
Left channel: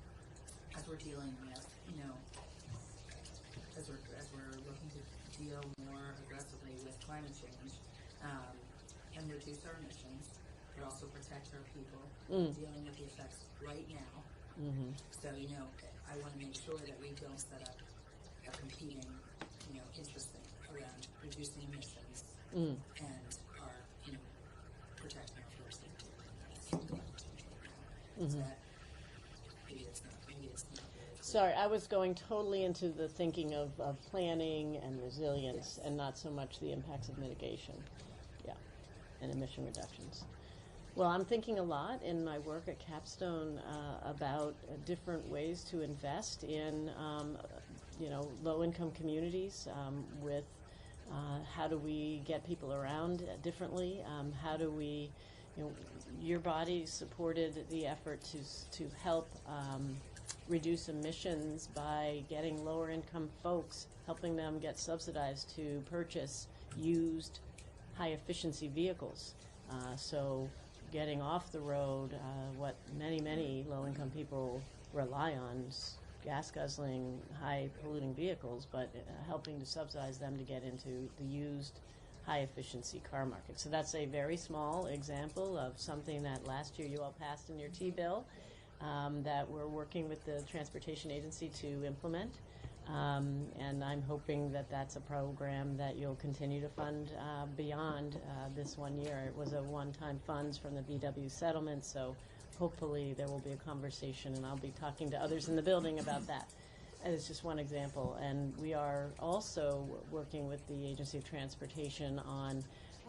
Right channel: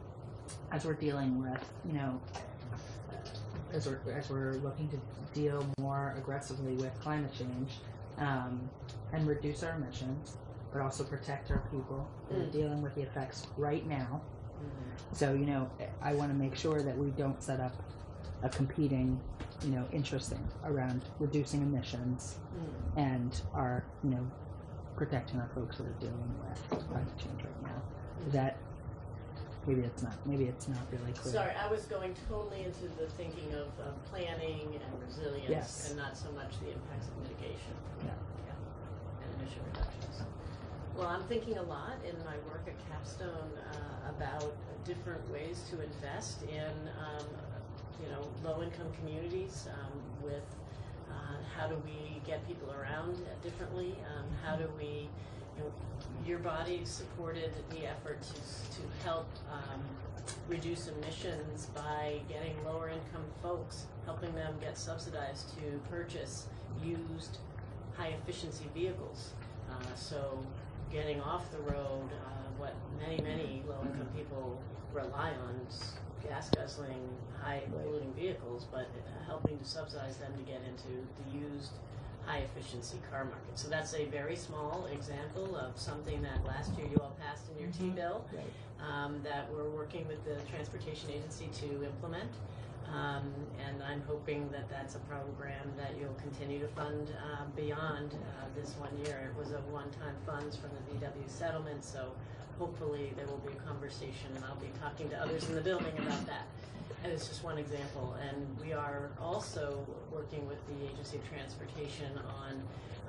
As we're dealing with, as we're looking to deal more aggressively with climate change, and reduce our emissions, but also protect our people that are dealing with the effects right now. So, I want to make sure that we don't set up a competing, interest thing around reducing emissions and our, protecting our folks that are dealing with climate change right now. Is that, maybe it's not really clear. Sorry, I was going totally into the thinking of planning and resilience, and not so much the impacts of mitigation. Yeah, and emission reductions. Well, I'm thinking a lot in my work at Capstone about different ways to invest in, low-income communities with how do we get people around differently? How do we, your body supported the effort to help reduce emissions by getting lower-income folks, helping them get subsidized to purchase used high-efficiency vehicles. So getting off the road, what many low-income people rely on, gas guzzling, high polluting vehicles, but helping to subsidize them to get into the used high efficiency car market. So that's a very small example of something that last year you all passed in your T-bill, that we're working with the Transportation Agency to implement. And I'm hoping that that's a program that you'll continue to fund beyond this 1 year. It was a one-time funds from the VW settlement, so hopefully there will be a conversation, and I'll be talking to others in the building about that. And it's just one example. And we are also working with the Agency of Transportation on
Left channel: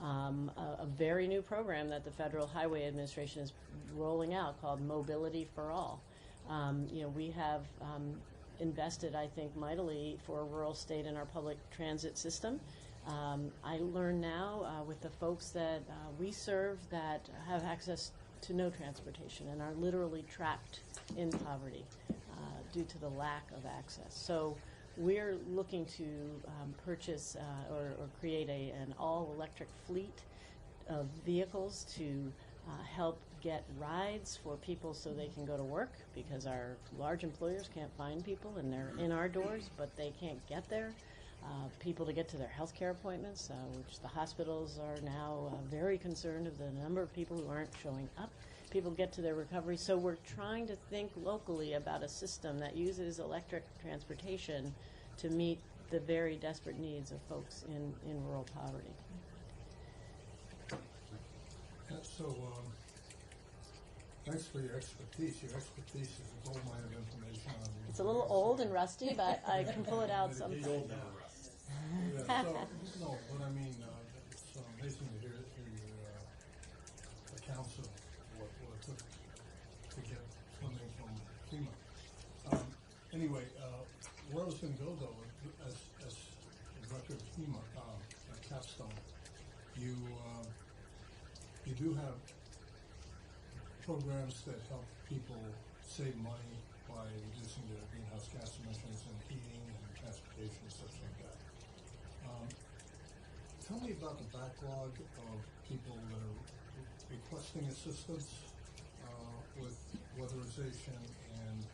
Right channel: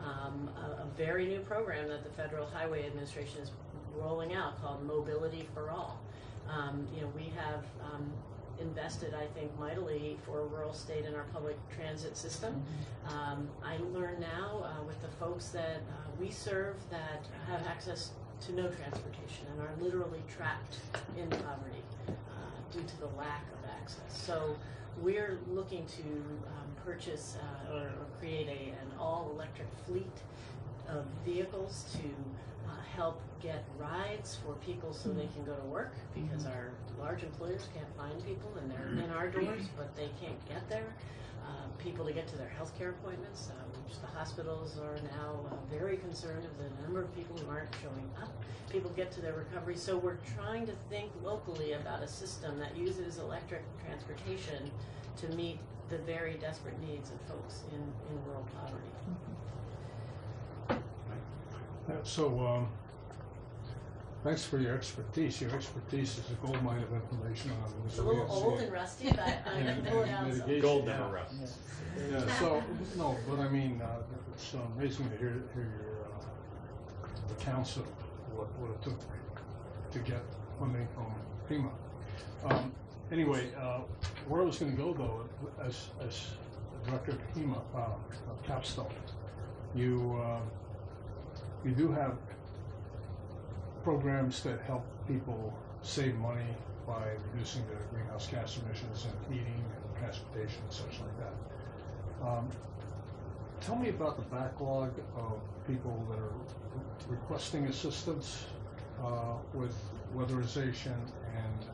a very new program that the Federal Highway Administration is rolling out called Mobility for All. You know, we have invested, I think, mightily for a rural state in our public transit system. I learn now with the folks that we serve that have access to no transportation and are literally trapped in poverty due to the lack of access. So we're looking to purchase or create an all-electric fleet of vehicles to help get rides for people so they can go to work, because our large employers can't find people and they're in our doors, but they can't get there. People to get to their healthcare appointments, which the hospitals are now very concerned of the number of people who aren't showing up. People get to their recovery. So we're trying to think locally about a system that uses electric transportation to meet the very desperate needs of folks in rural poverty. Yeah, so thanks for your expertise. Your expertise is a gold mine of information on It's a little old and rusty, but I can pull it out. Gold never rusts. Yeah, so, no, but I mean, it's amazing to hear your accounts of what it took to get funding from FEMA. Anyway, where I was going to go though, as director of FEMA, of Capstone, you do have programs that help people save money by reducing their greenhouse gas emissions and heating and transportation and such like that. Tell me about the backlog of people that are requesting assistance with weatherization and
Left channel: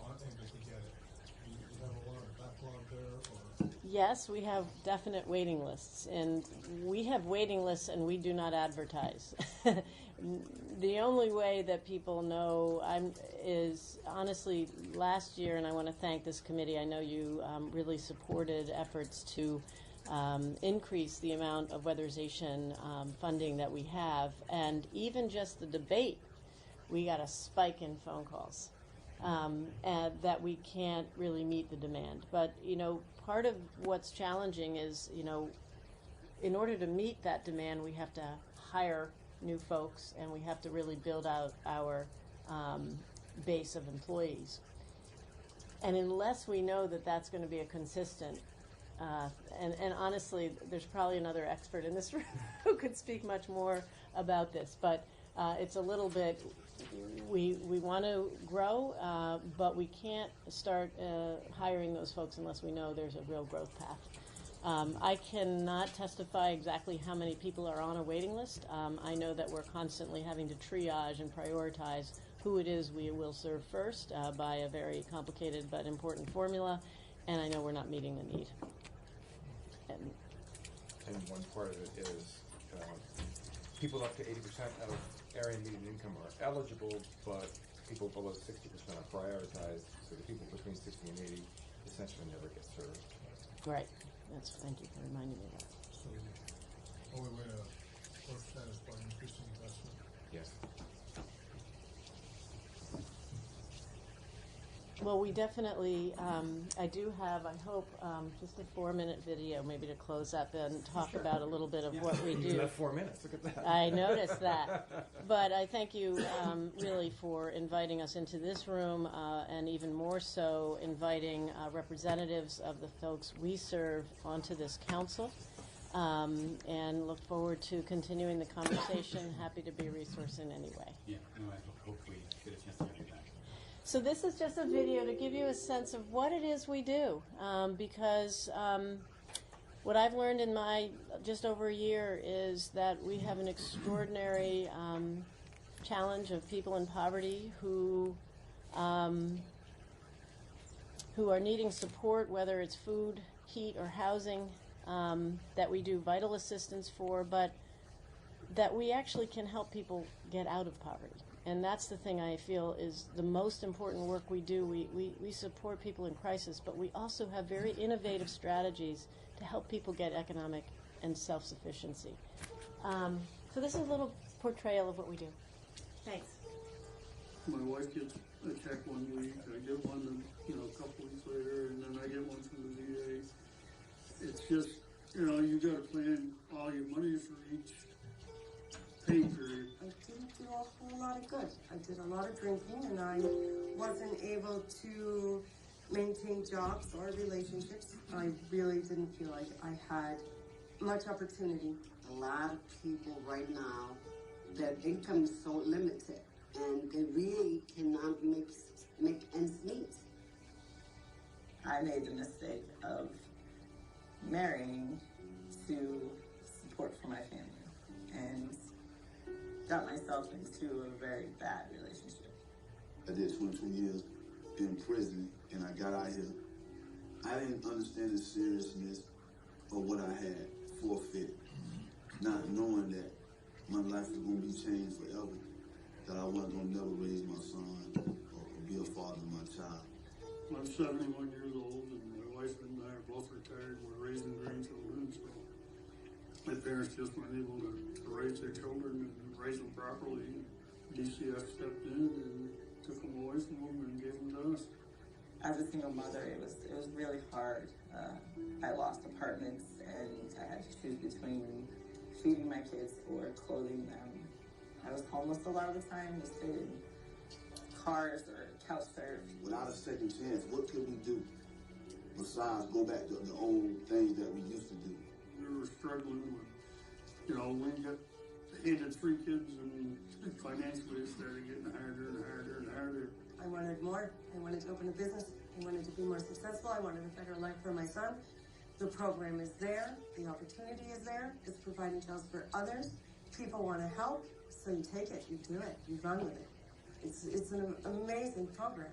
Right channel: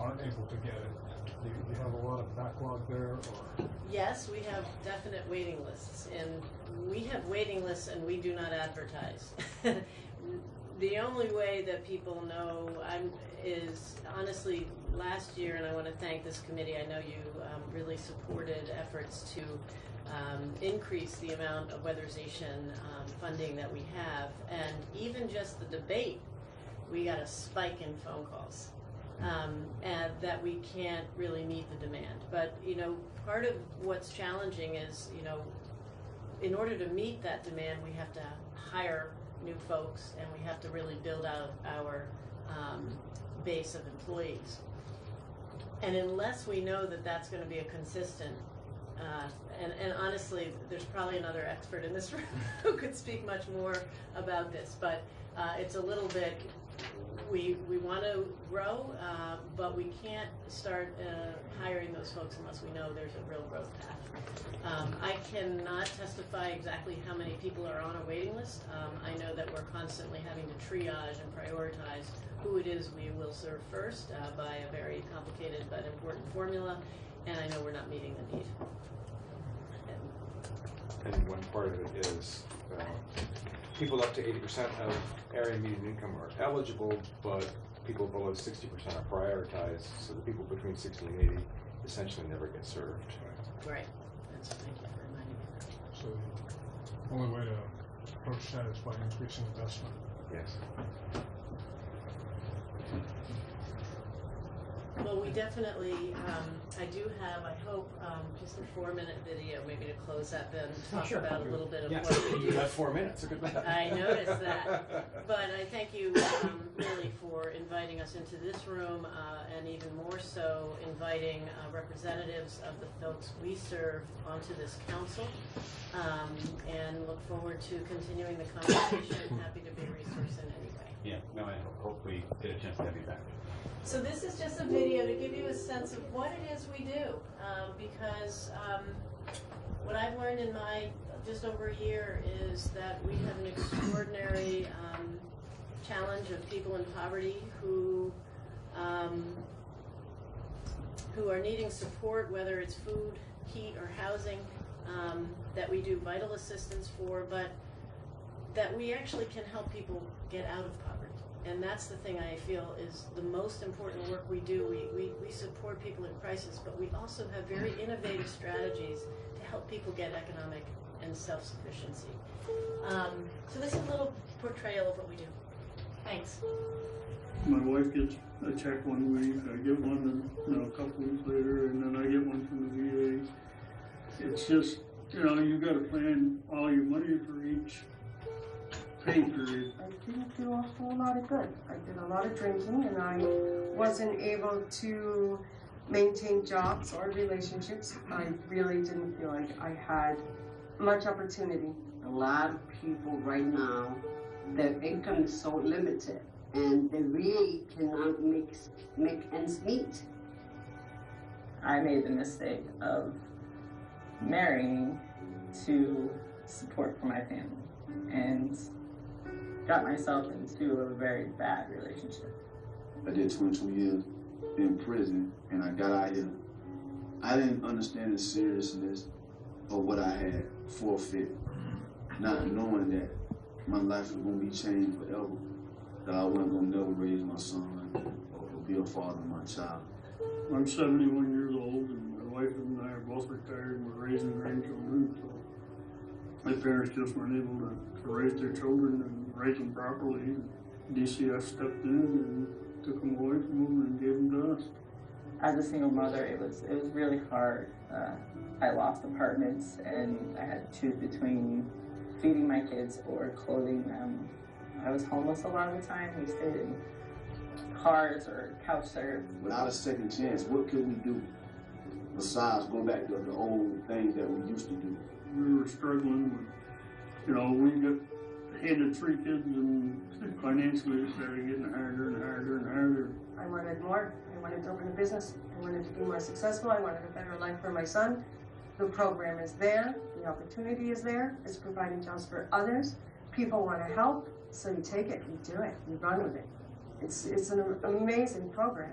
aren't able to get it. Do you have a lot of backlog there, or? Yes, we have definite waiting lists, and we have waiting lists and we do not advertise. The only way that people know is honestly last year, and I want to thank this committee. I know you really supported efforts to increase the amount of weatherization funding that we have, and even just the debate, we got a spike in phone calls. And that we can't really meet the demand. But, you know, part of what's challenging is, you know, in order to meet that demand, we have to hire new folks and we have to really build out our base of employees. And unless we know that that's going to be a consistent, and honestly, there's probably another expert in this room who could speak much more about this, but it's a little bit, we want to grow, but we can't start hiring those folks unless we know there's a real growth path. I cannot testify exactly how many people are on a waiting list. I know that we're constantly having to triage and prioritize who it is we will serve first by a very complicated but important formula, and I know we're not meeting the need. And one part of it is people up to 80% of area median income are eligible, but people below 60% are prioritized, so the people between 60 and 80 essentially never get served. Right. Thank you for reminding me of that. So the only way to approach that is by increasing investment. Yes. Well, we definitely, I do have, I hope, just a 4-minute video maybe to close up and talk about a little bit of what we do. You got 4 minutes, look at that. I noticed that. But I thank you really for inviting us into this room and even more so inviting representatives of the folks we serve onto this council, and look forward to continuing the conversation. Happy to be a resource in any way. Yeah, no, I hope we get a chance to have you back. So this is just a video to give you a sense of what it is we do, because what I've learned in my just over a year is that we have an extraordinary challenge of people in poverty who who are needing support, whether it's food, heat, or housing, that we do vital assistance for, but that we actually can help people get out of poverty. And that's the thing I feel is the most important work we do. We support people in crisis, but we also have very innovative strategies to help people get economic and self-sufficiency. So this is a little portrayal of what we do. Thanks. My wife gets a check one week, I get one, a couple weeks later, and then I get one from the VA. It's just, you gotta plan all your money for each pay period. I didn't do a whole lot of good. I did a lot of drinking, and I wasn't able to maintain jobs or relationships. I really didn't feel like I had much opportunity. A lot of people right now, their income is so limited, and they really cannot make ends meet. I made the mistake of marrying to support for my family and got myself into a very bad relationship. I did 22 years in prison and I got out here. I didn't understand the seriousness of what I had forfeit, not knowing that my life was going to be changed forever, that I wasn't going to never raise my son or be a father to my child. I'm 71 years old, and my wife and I are both retired, and we're raising grandchildren, so my parents just weren't able to raise their children and raise them properly. DCF stepped in and took them away from them and gave them to us. As a single mother, it was really hard. I lost apartments, and I had to choose between feeding my kids or clothing them. I was homeless a lot of the time. We stayed in cars or couch surf. Without a second chance, what could we do besides go back to the old things that we used to do? We were struggling. We got handed 3 kids, and financially it started getting harder and harder and harder. I wanted more. I wanted to open a business. I wanted to be more successful. I wanted a federal line for my son. The program is there. The opportunity is there. It's providing jobs for others. People want to help, so you take it, you do it, you run with it. It's an amazing program.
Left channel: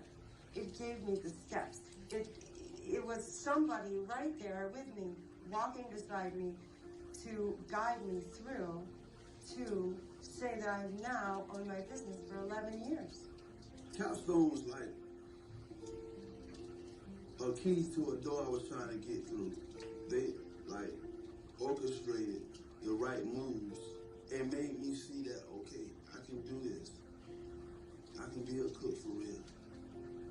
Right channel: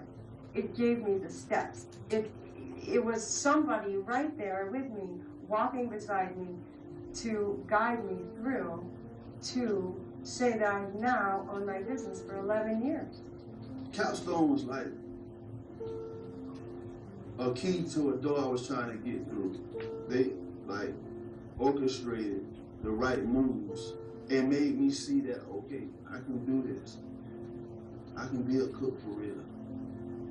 It gave me the steps. It was somebody right there with me, walking beside me, to guide me through to say that I've now owned my business for 11 years. Capstone was like a key to a door I was trying to get through. They orchestrated the right moves and made me see that, okay, I can do this. I can be a cook for real.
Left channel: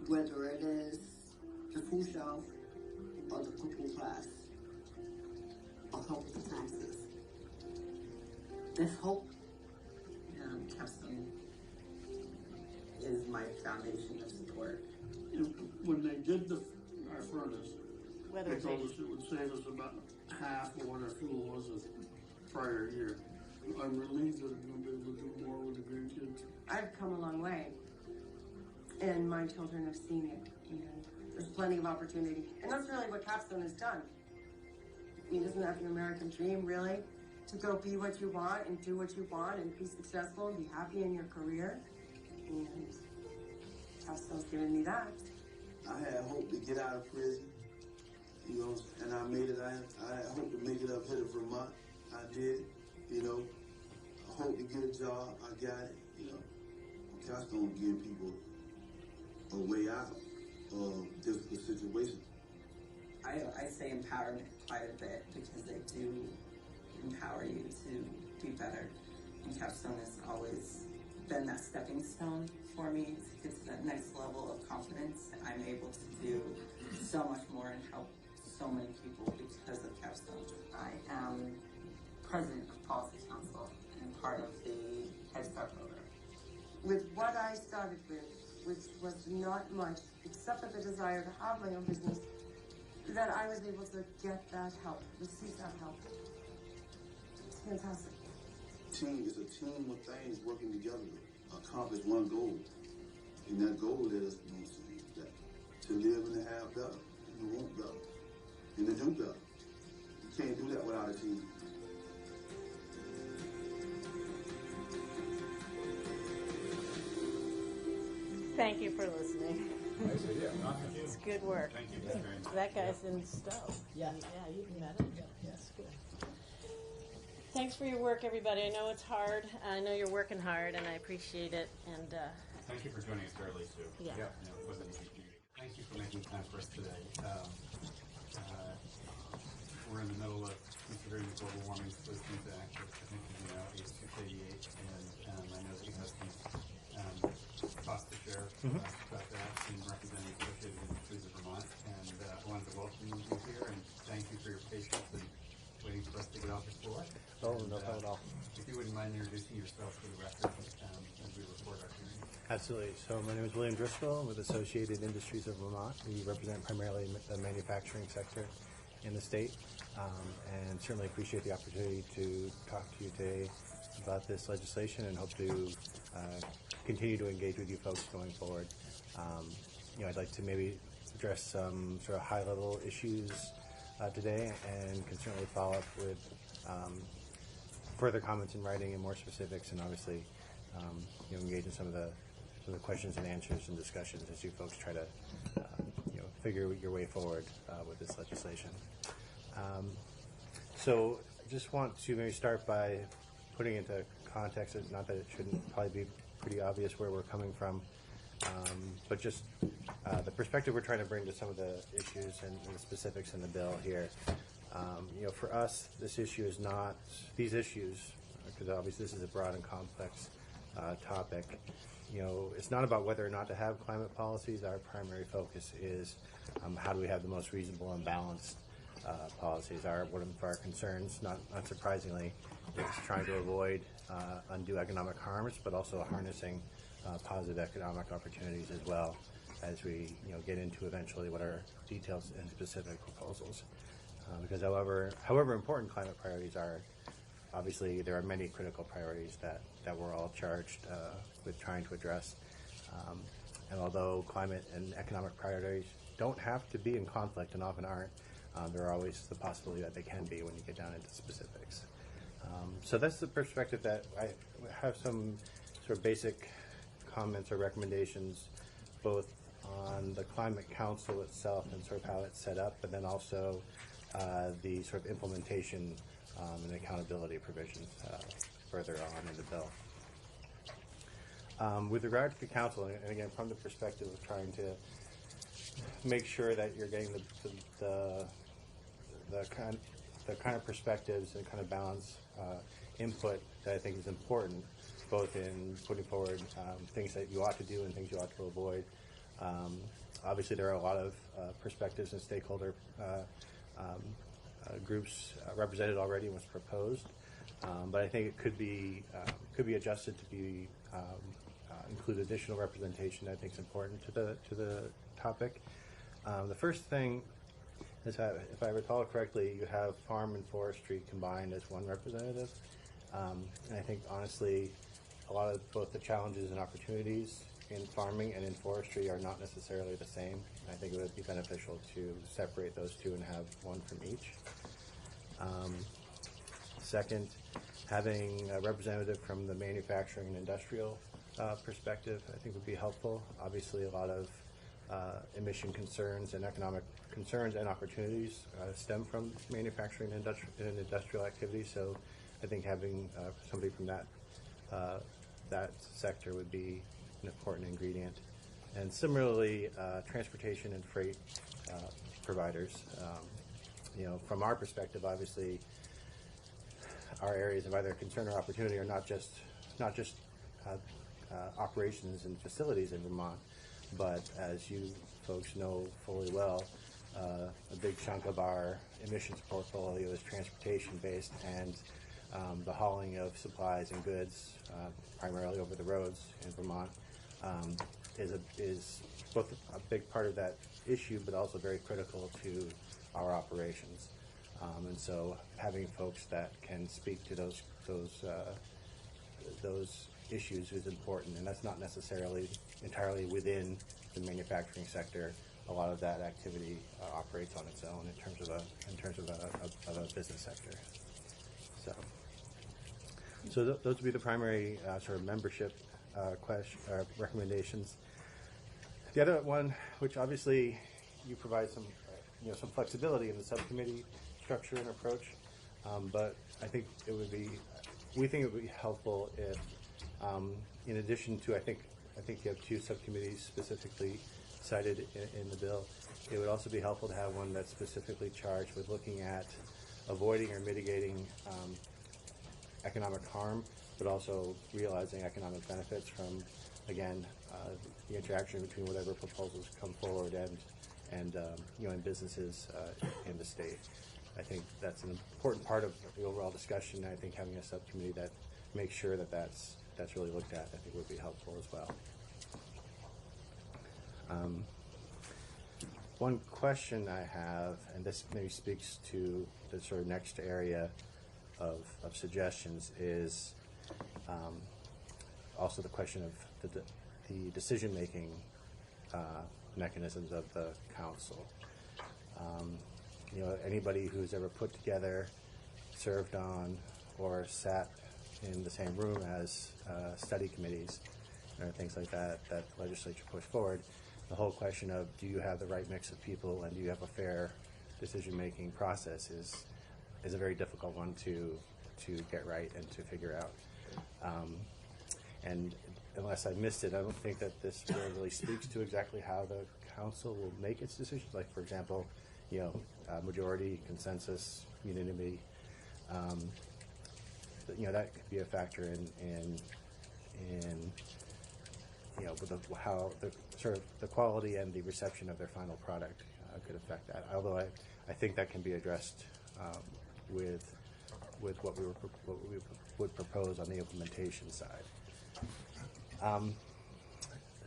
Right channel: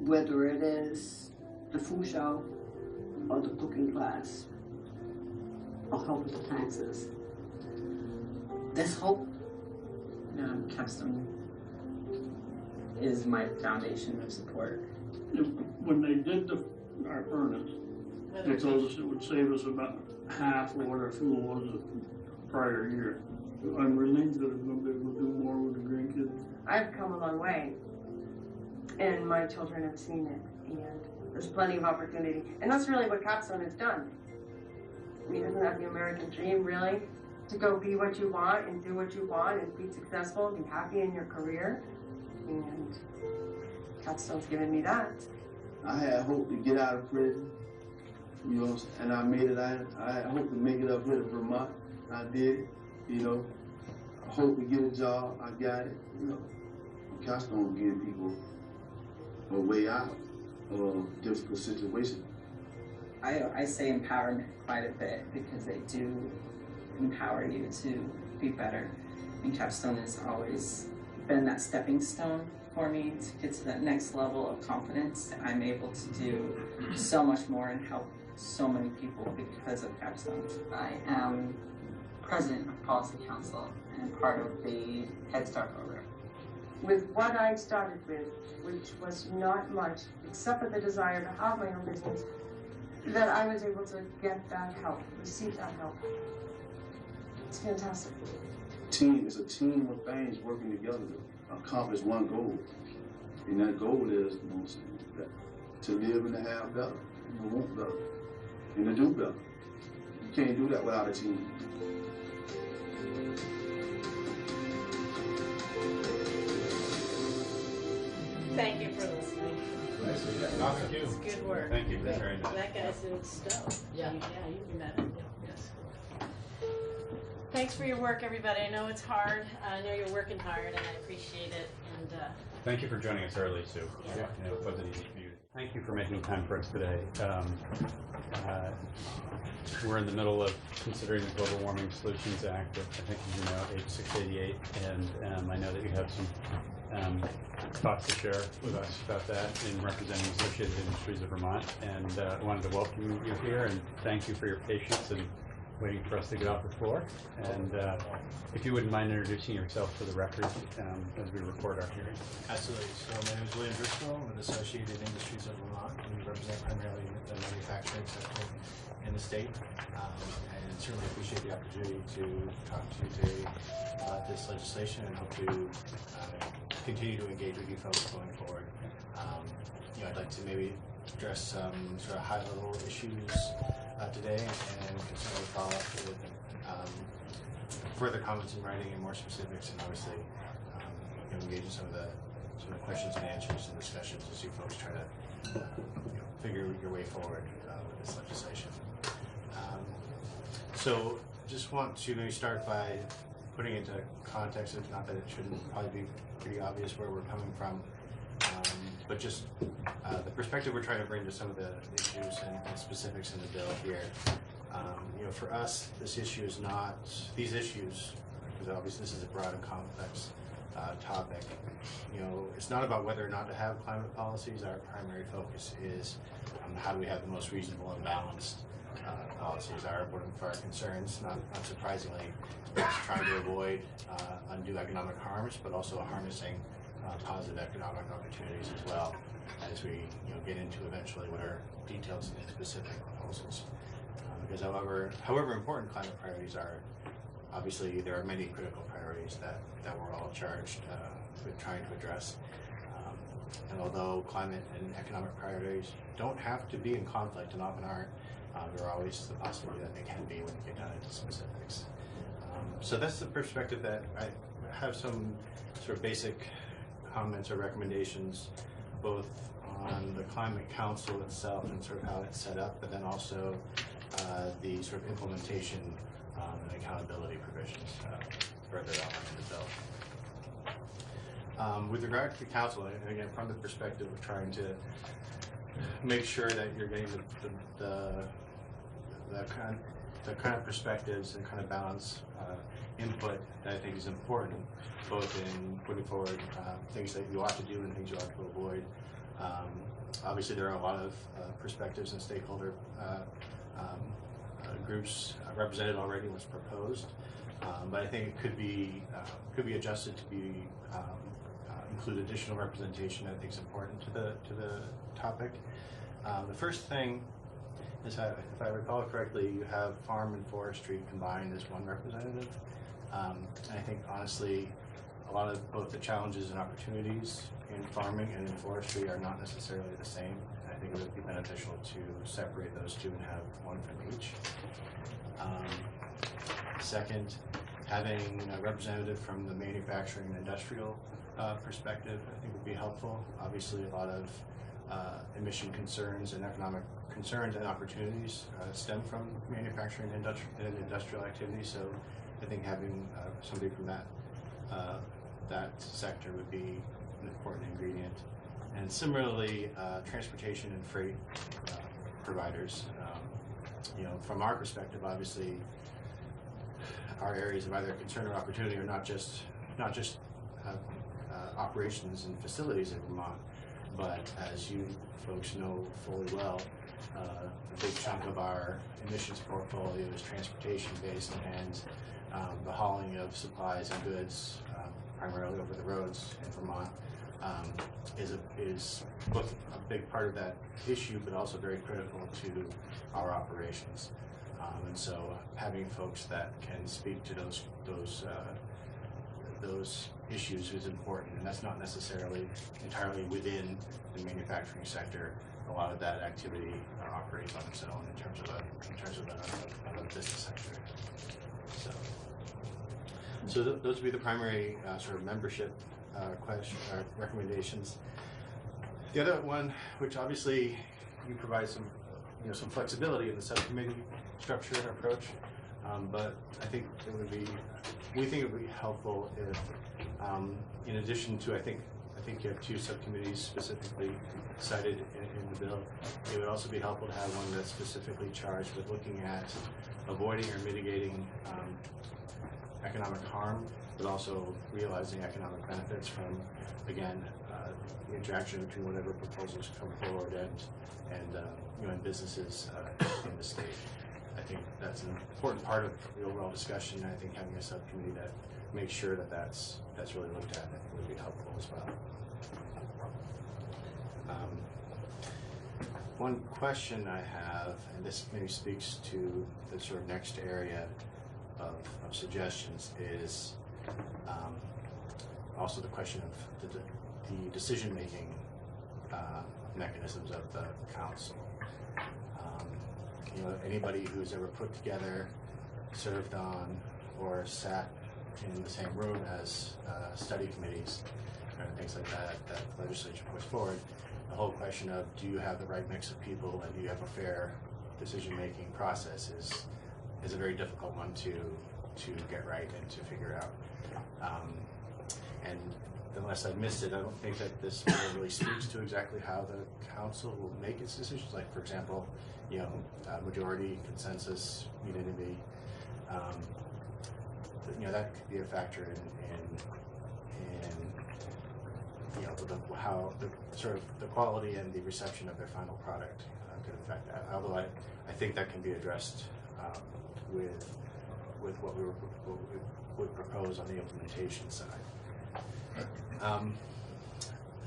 Whether it is the food shelf or the cooking class or help with the taxes, there's hope. Capstone is my foundation of support. When they did our furnace, they told us it would save us about half of what our fuel was the prior year. I'm relieved that I'm going to be able to do more with the grandkids. I've come a long way, and my children have seen it, and there's plenty of opportunity. And that's really what Capstone has done. I mean, isn't that the American dream, really? To go be what you want and do what you want and be successful and be happy in your career. And Capstone's given me that. I had hope to get out of prison, and I made it. I had hope to make it up here to Vermont. I did it, I hope to get a job. I got it, Capstone giving people a way out of difficult situations. I say empowerment quite a bit because they do empower you to be better. And Capstone has always been that stepping stone for me to get to that next level of confidence. I'm able to do so much more and help so many people because of Capstone. I am president of Policy Council and part of the Head Start program. With what I started with, which was not much, except for the desire to have my own business, that I was able to get that help, receive that help. It's fantastic. Team is a team of things working together to accomplish one goal. And that goal is, that to live and to have better, and to want better, and to do better. You can't do that without a team. Thank you for listening. It's good work. Thank you. Very nice. That guy's in Stowe. Yeah. Yeah, you met him. Yes. Thanks for your work, everybody. I know it's hard. I know you're working hard, and I appreciate it. And Thank you for joining us early, Sue. Yeah. You know, it wasn't easy for you. Thank you for making time for us today. We're in the middle of considering the Global Warming Solutions Act, I think you know, H688, and I know that you have some thoughts to share with us about that in representing Associated Industries of Vermont. And I wanted to welcome you here and thank you for your patience and waiting for us to get off the floor. And if you wouldn't mind introducing yourself for the record as we record our hearing. Absolutely. So my name is William Driscoll. I'm with Associated Industries of Vermont. We represent primarily the manufacturing sector in the state, and certainly appreciate the opportunity to talk to you today about this legislation and hope to continue to engage with you folks going forward. You know, I'd like to maybe address some sort of high-level issues today, and can certainly follow up with further comments in writing and more specifics, and obviously you know, engage in some of the questions and answers and discussions as you folks try to you know, figure your way forward with this legislation. So just want to maybe start by putting into context, not that it shouldn't probably be pretty obvious where we're coming from, but just the perspective we're trying to bring to some of the issues and the specifics in the bill here. You know, for us, this issue is not, these issues, because obviously this is a broad and complex topic, you know, it's not about whether or not to have climate policies. Our primary focus is how do we have the most reasonable and balanced policies. One of our concerns, not surprisingly, is trying to avoid undue economic harms, but also harnessing positive economic opportunities as well as we get into eventually what are details and specific proposals. Because however important climate priorities are, obviously there are many critical priorities that we're all charged with trying to address. And although climate and economic priorities don't have to be in conflict and often aren't, there are always the possibility that they can be when you get down into specifics. So that's the perspective that I have some sort of basic comments or recommendations both on the Climate Council itself and sort of how it's set up, but then also the sort of implementation and accountability provisions further on in the bill. With regard to the council, and again, from the perspective of trying to make sure that you're getting the kind of perspectives, the kind of balance input that I think is important, both in putting forward things that you ought to do and things you ought to avoid. Obviously, there are a lot of perspectives and stakeholder groups represented already in what's proposed, but I think it could be adjusted to be include additional representation that I think is important to the topic. The first thing is, if I recall correctly, you have farm and forestry combined as one representative, and I think honestly, a lot of both the challenges and opportunities in farming and in forestry are not necessarily the same. And I think it would be beneficial to separate those two and have one from each. Second, having a representative from the manufacturing and industrial perspective, I think would be helpful. Obviously, a lot of emission concerns and economic concerns and opportunities stem from manufacturing and industrial activity. So I think having somebody from that sector would be an important ingredient. And similarly, transportation and freight providers. From our perspective, obviously, our areas of either concern or opportunity are not just operations and facilities in Vermont, but as you folks know fully well, a big chunk of our emissions portfolio is transportation based, and the hauling of supplies and goods, primarily over the roads in Vermont, is both a big part of that issue, but also very critical to our operations. And so having folks that can speak to those issues is important, and that's not necessarily entirely within the manufacturing sector. A lot of that activity operates on its own in terms of a business sector. So those would be the primary sort of membership recommendations. The other one, which obviously you provide some, some flexibility in the subcommittee structure and approach, but I think we think it would be helpful if, in addition to, I think you have 2 subcommittees specifically cited in the bill. It would also be helpful to have one that's specifically charged with looking at avoiding or mitigating economic harm, but also realizing economic benefits from, again, the interaction between whatever proposals come forward and businesses in the state. I think that's an important part of the overall discussion. I think having a subcommittee that makes sure that that's really looked at, I think would be helpful as well. One question I have, and this maybe speaks to the sort of next area of suggestions, is also the question of the decision-making mechanisms of the council. Anybody who's ever put together, served on, or sat in the same room as study committees and things like that the legislature puts forward, the whole question of do you have the right mix of people and do you have a fair decision-making process is a very difficult one to get right and to figure out. And unless I missed it, I don't think that this really speaks to exactly how the council will make its decisions. Like, for example, majority, consensus, unanimity. That could be a factor in how the sort of the quality and the reception of their final product could affect that. Although I think that can be addressed with what we would propose on the implementation side.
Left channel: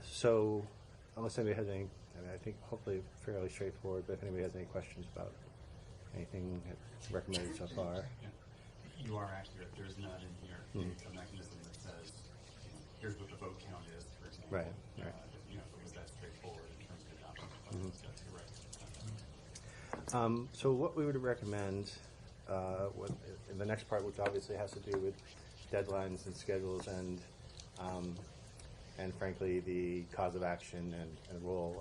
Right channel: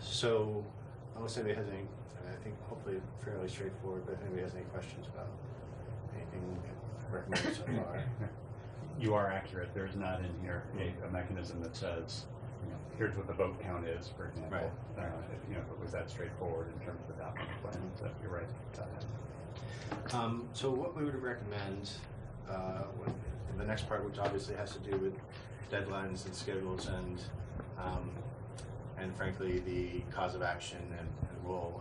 So unless anybody has any, I think hopefully fairly straightforward, but if anybody has any questions about anything recommended so far. You are accurate. There's not in here a mechanism that says, here's what the vote count is, for example. Right. If it was that straightforward in terms of adopting the plan, so you're right about that. So what we would recommend, the next part, which obviously has to do with deadlines and schedules and frankly the cause of action and role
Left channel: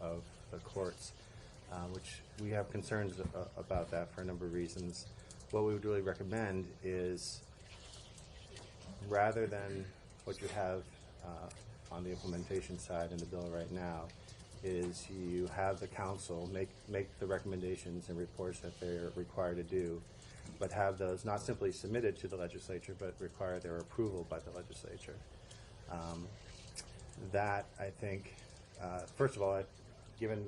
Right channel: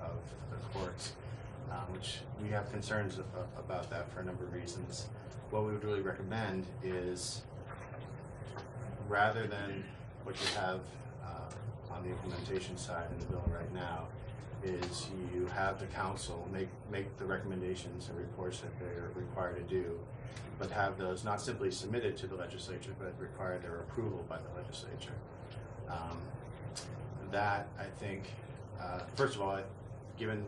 of the courts, which we have concerns about that for a number of reasons. What we would really recommend is, rather than what you have on the implementation side in the bill right now, is you have the council make the recommendations and reports that they're required to do, but have those not simply submitted to the legislature, but require their approval by the legislature. That, I think, first of all, given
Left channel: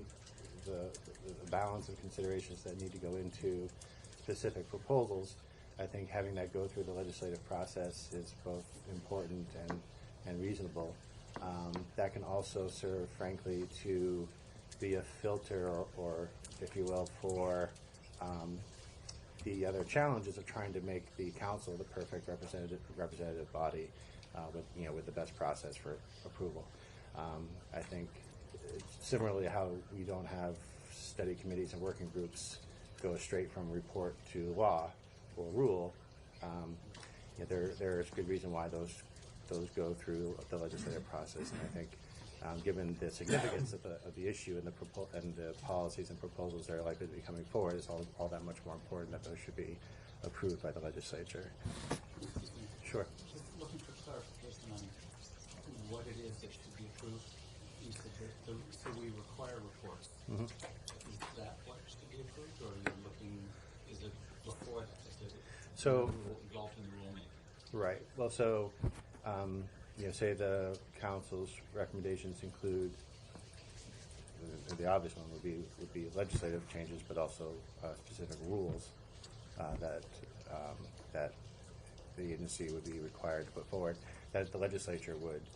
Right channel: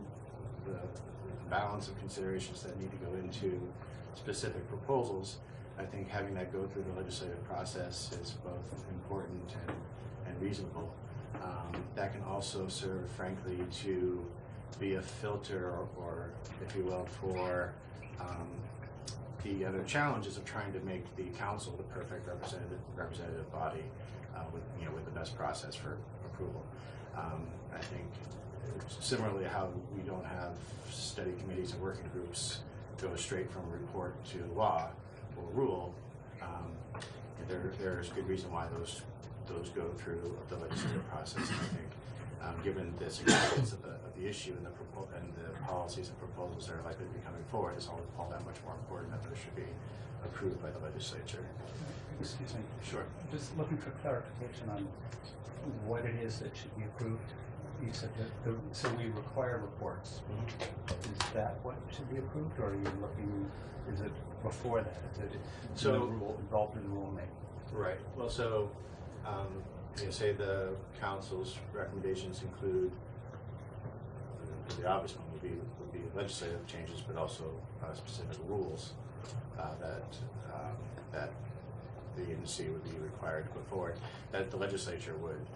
the balance of considerations that need to go into specific proposals, I think having that go through the legislative process is both important and reasonable. That can also serve, frankly, to be a filter or if you will, for the other challenges of trying to make the council the perfect representative body with the best process for approval. I think similarly how we don't have study committees and working groups go straight from report to law or rule. There is good reason why those go through the legislative process. And I think given the significance of the issue and the policies and proposals that are likely to be coming forward, it's all that much more important that those should be approved by the legislature. Excuse me. Sure. Just looking for clarification on what it is that should be approved. You said that so we require reports. Mm-hmm. Is that what should be approved, or are you looking? Is it before that? Is it involved in the rulemaking? Right. Well, so say the council's recommendations include the obvious one would be legislative changes, but also specific rules that the agency would be required to put forward, that the legislature would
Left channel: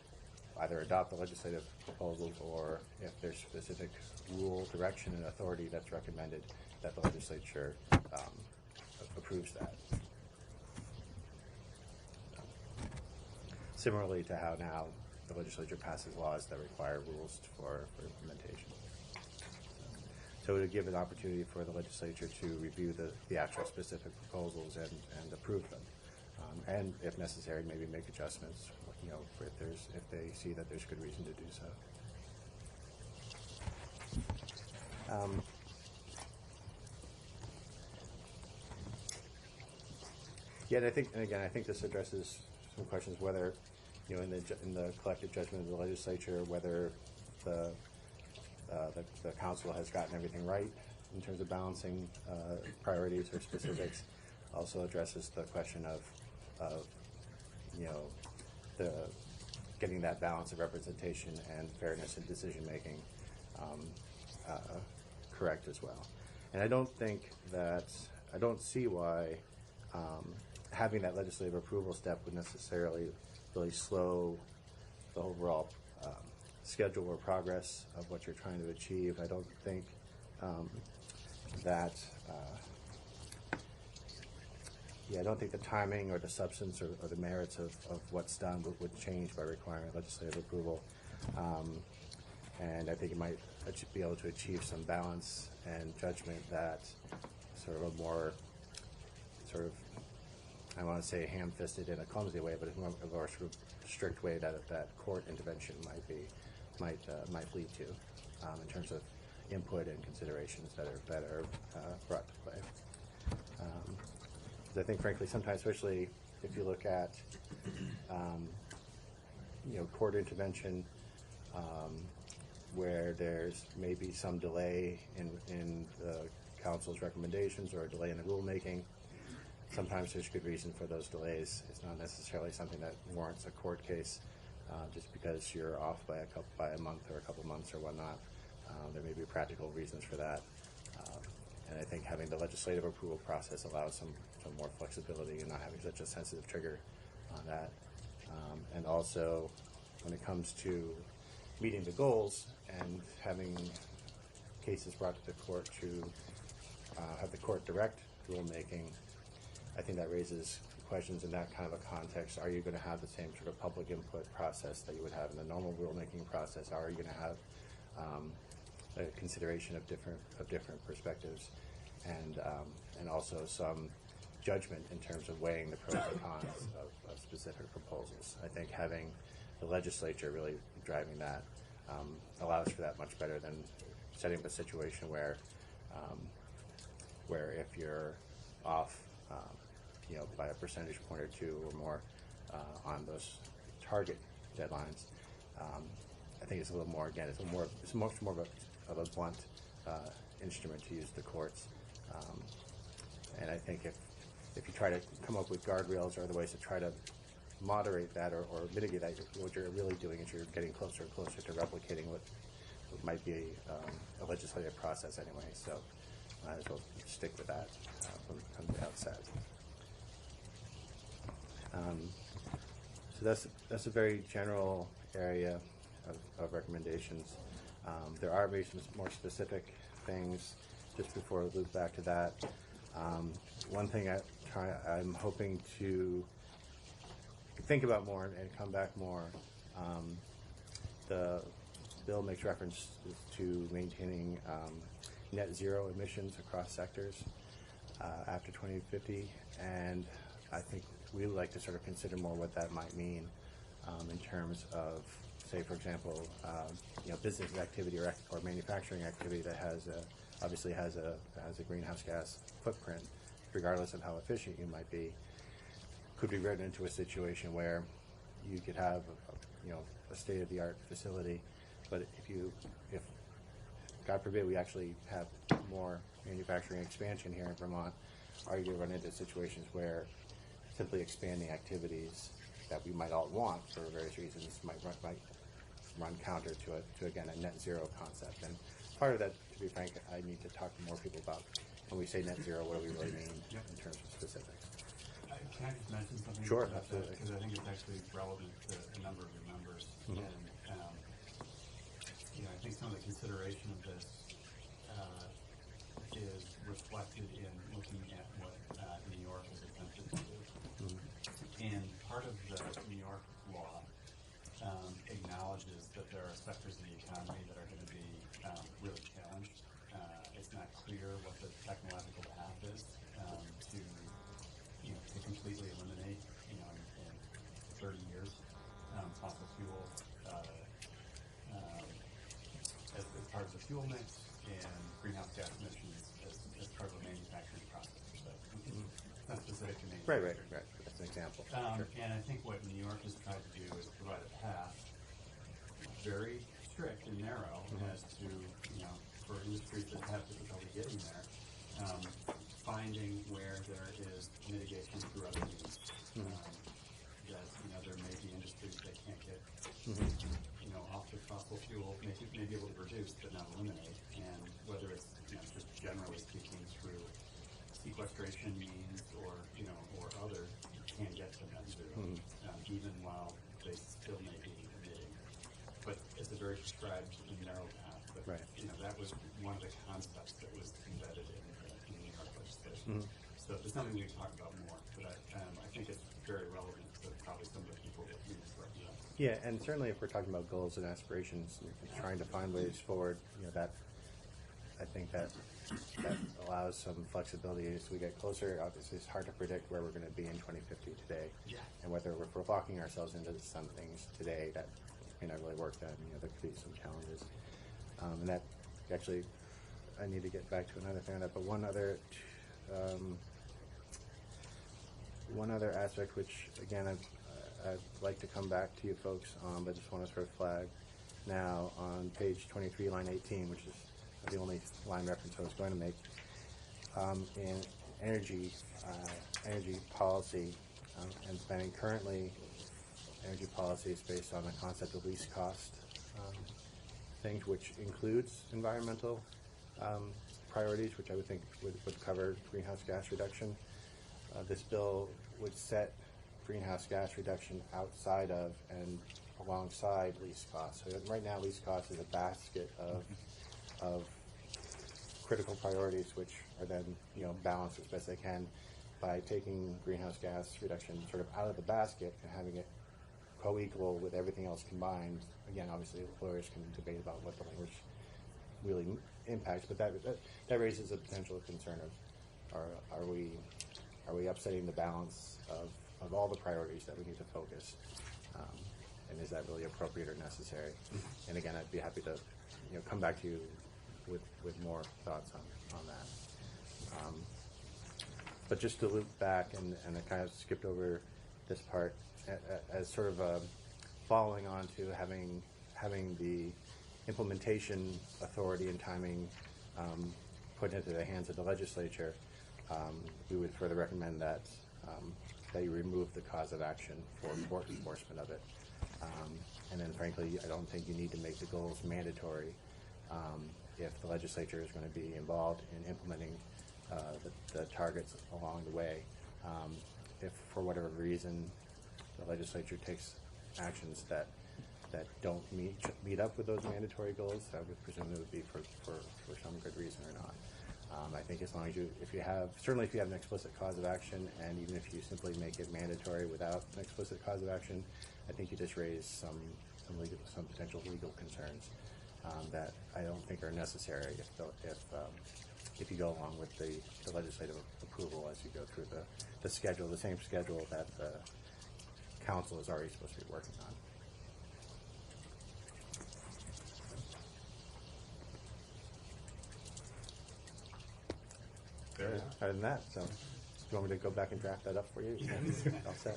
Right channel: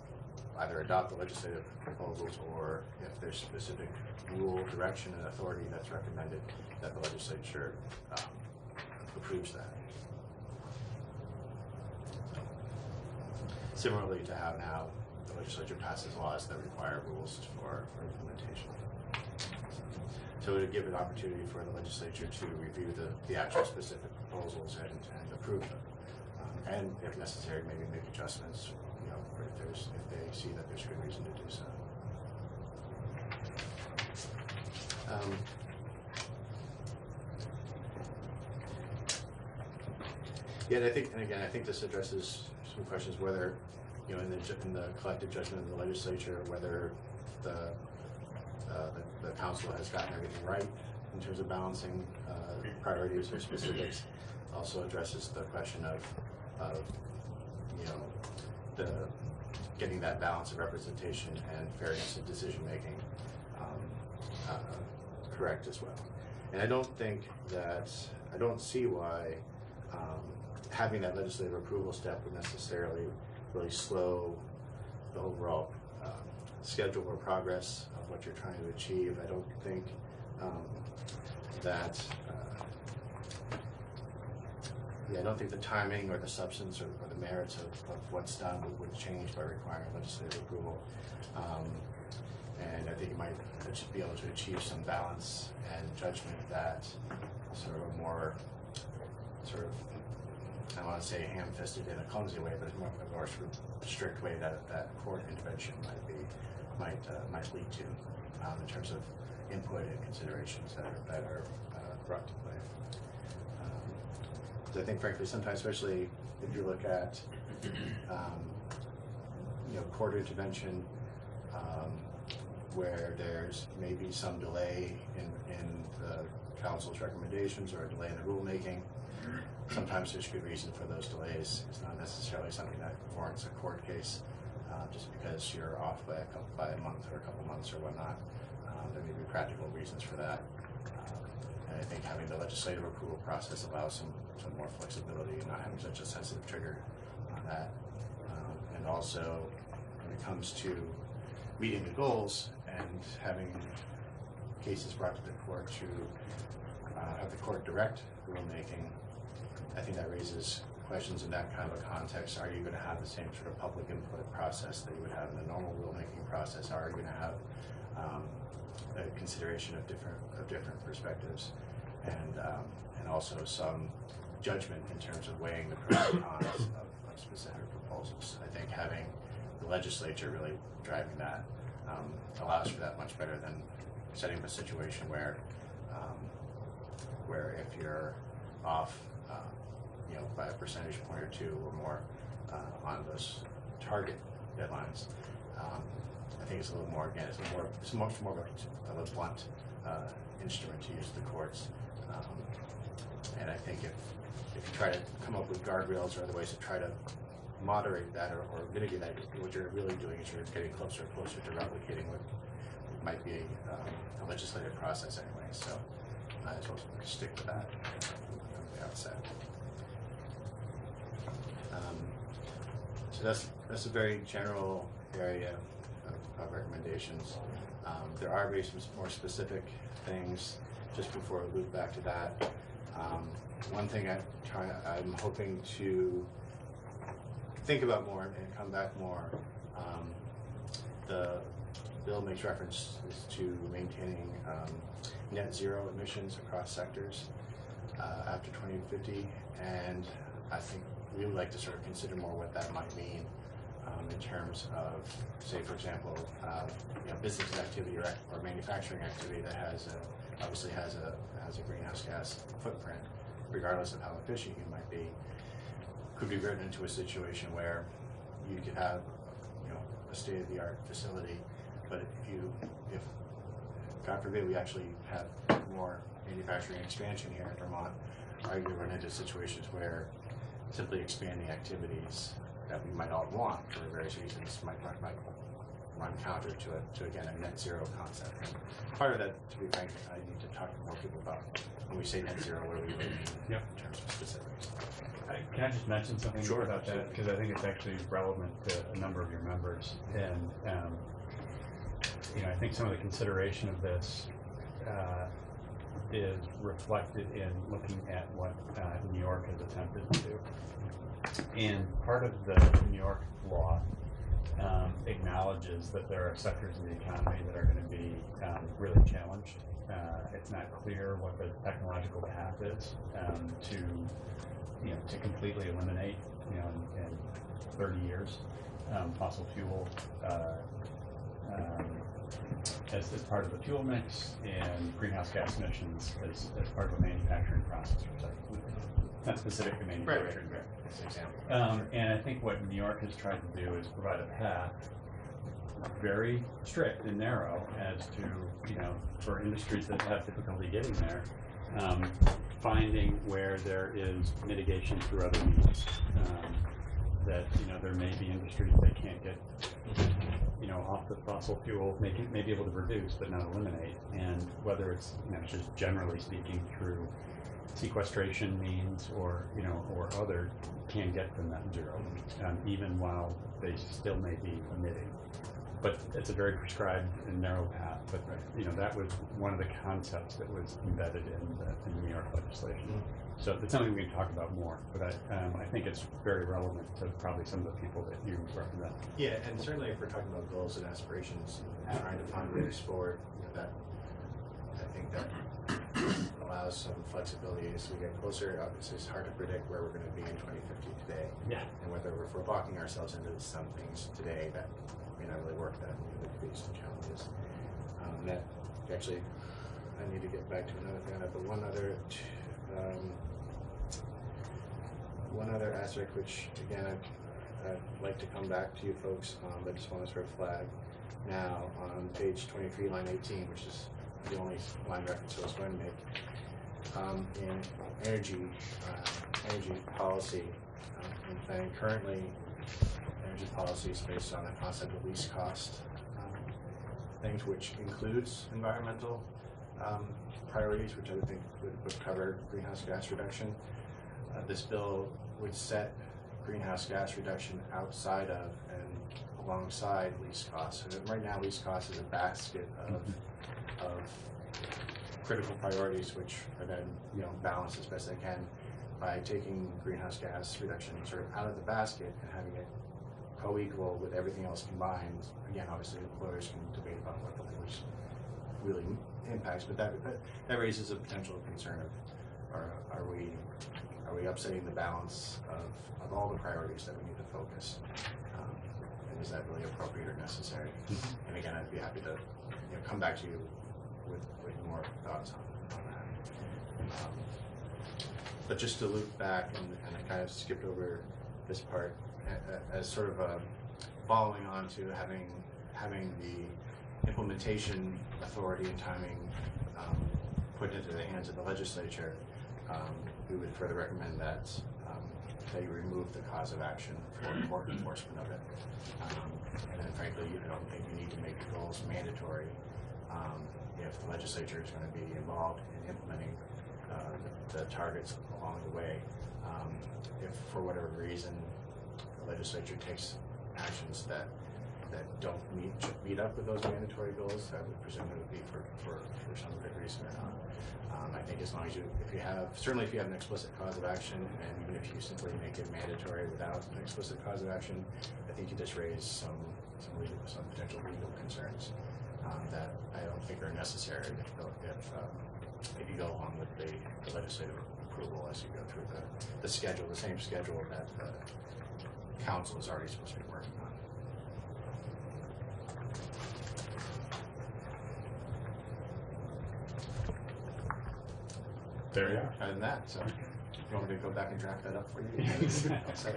either adopt the legislative proposals, or if there's specific rule, direction, and authority that's recommended, that the legislature approves that. So, similarly to how now the legislature passes laws that require rules for implementation. So it would give an opportunity for the legislature to review the actual specific proposals and approve them. And if necessary, maybe make adjustments, if they see that there's good reason to do so. Yeah, and I think this addresses some questions whether, in the collective judgment of the legislature, whether the council has gotten everything right in terms of balancing priorities or specifics. Also addresses the question of the getting that balance of representation and fairness in decision making correct as well. And I don't see why having that legislative approval step would necessarily really slow the overall schedule or progress of what you're trying to achieve. I don't think I don't think the timing or the substance or the merits of what's done would change by requiring legislative approval. And I think you might be able to achieve some balance and judgment that sort of a more sort of, I don't want to say ham-fisted in a clumsy way, but a more sort of strict way that court intervention might lead to in terms of input and considerations that are brought to play. I think, frankly, sometimes, especially if you look at court intervention, where there's maybe some delay in the council's recommendations or a delay in the rulemaking. Sometimes there's good reason for those delays. It's not necessarily something that warrants a court case just because you're off by a month or a couple months or whatnot. There may be practical reasons for that. And I think having the legislative approval process allows some more flexibility and not having such a sensitive trigger on that. And also, when it comes to meeting the goals and having cases brought to the court to have the court direct rulemaking, I think that raises questions in that kind of a context. Are you going to have the same sort of public input process that you would have in the normal rulemaking process? Are you going to have a consideration of different perspectives, and also some judgment in terms of weighing the pros and cons of specific proposals? I think having the legislature really driving that allows for that much better than setting up a situation where if you're off by a percentage point or two or more on those target deadlines, I think it's a little more, again, it's much more of a blunt instrument to use the courts. And I think if you try to come up with guardrails or other ways to try to moderate that or mitigate that, what you're really doing is you're getting closer and closer to replicating what might be a legislative process anyway. So might as well stick with that from the outset. So that's a very general area of recommendations. There are very more specific things. Just before we loop back to that, one thing I'm hoping to think about more and come back more. The bill makes reference to maintaining net zero emissions across sectors after 2050, and I think we would like to sort of consider more what that might mean in terms of, say, for example, business activity or manufacturing activity that obviously has a greenhouse gas footprint, regardless of how efficient you might be. Could be written into a situation where you could have a state-of-the-art facility, but if God forbid we actually have more manufacturing expansion here in Vermont, are you run into situations where simply expanding activities that we might all want for various reasons might run counter to again a net zero concept. And part of that, to be frank, I need to talk to more people about when we say net zero, what do we really mean in terms of specifics. Can I just mention something about that? Because I think it's actually relevant to a number of your members. And I think some of the consideration of this is reflected in looking at what New York has attempted to do. And part of the New York law acknowledges that there are sectors of the economy that are going to be really challenged. It's not clear what the technological path is to completely eliminate, in 30 years, fossil fuel as part of the fuel mix and greenhouse gas emissions as part of a manufacturing process or site. Not specific to manufacturing. Right. That's an example. And I think what New York has tried to do is provide a path, very strict and narrow, as to, for industries that have difficulty getting there, finding where there is mitigation through other means. That, there may be industries that can't get, off the fossil fuel, may be able to reduce but not eliminate. And whether it's, just generally speaking through sequestration means or other, can get to net zero, even while they still may be emitting. But it's a very prescribed and narrow path. But that was one of the concepts that was embedded in New York legislation. So it's something we can talk about more. But I think it's very relevant to probably some of the people that you represent. Yeah, and certainly if we're talking about goals and aspirations, and trying to find ways forward, that I think that allows some flexibility as we get closer. Obviously, it's hard to predict where we're going to be in 2050 today. Yeah. And whether if we're locking ourselves into some things today that may not really work, then there could be some challenges. And that actually, I need to get back to another thing on that, but one other aspect, which again I'd like to come back to you folks on, but just want to sort of flag now on page 23, line 18, which is the only line reference I was going to make, in energy policy and planning. Currently, energy policy is based on a concept of least cost things, which includes environmental priorities, which I would think would cover greenhouse gas reduction. This bill would set greenhouse gas reduction outside of and alongside least cost. So right now, least cost is a basket of critical priorities, which are then balanced as best they can by taking greenhouse gas reduction sort of out of the basket and having it co-equal with everything else combined. Again, obviously, lawyers can debate about what the language really impacts, but that raises a potential concern of are we upsetting the balance of all the priorities that we need to focus, and is that really appropriate or necessary? And again, I'd be happy to come back to you with more thoughts on that. But just to loop back, and I kind of skipped over this part, as sort of following on to having the implementation authority and timing put into the hands of the legislature, we would further recommend that you remove the cause of action for court enforcement of it. And then frankly, I don't think you need to make the goals mandatory if the legislature is going to be involved in implementing the targets along the way. If for whatever reason the legislature takes actions that don't meet up with those mandatory goals, I would presume it would be for some good reason or not. I think as long as certainly if you have an explicit cause of action, and even if you simply make it mandatory without an explicit cause of action, I think you just raise some potential legal concerns that I don't think are necessary if you go along with the legislative approval as you go through the schedule, the same schedule that the council is already supposed to be working on. There you are. Other than that, so if you want me to go back and draft that up for you, I'll say.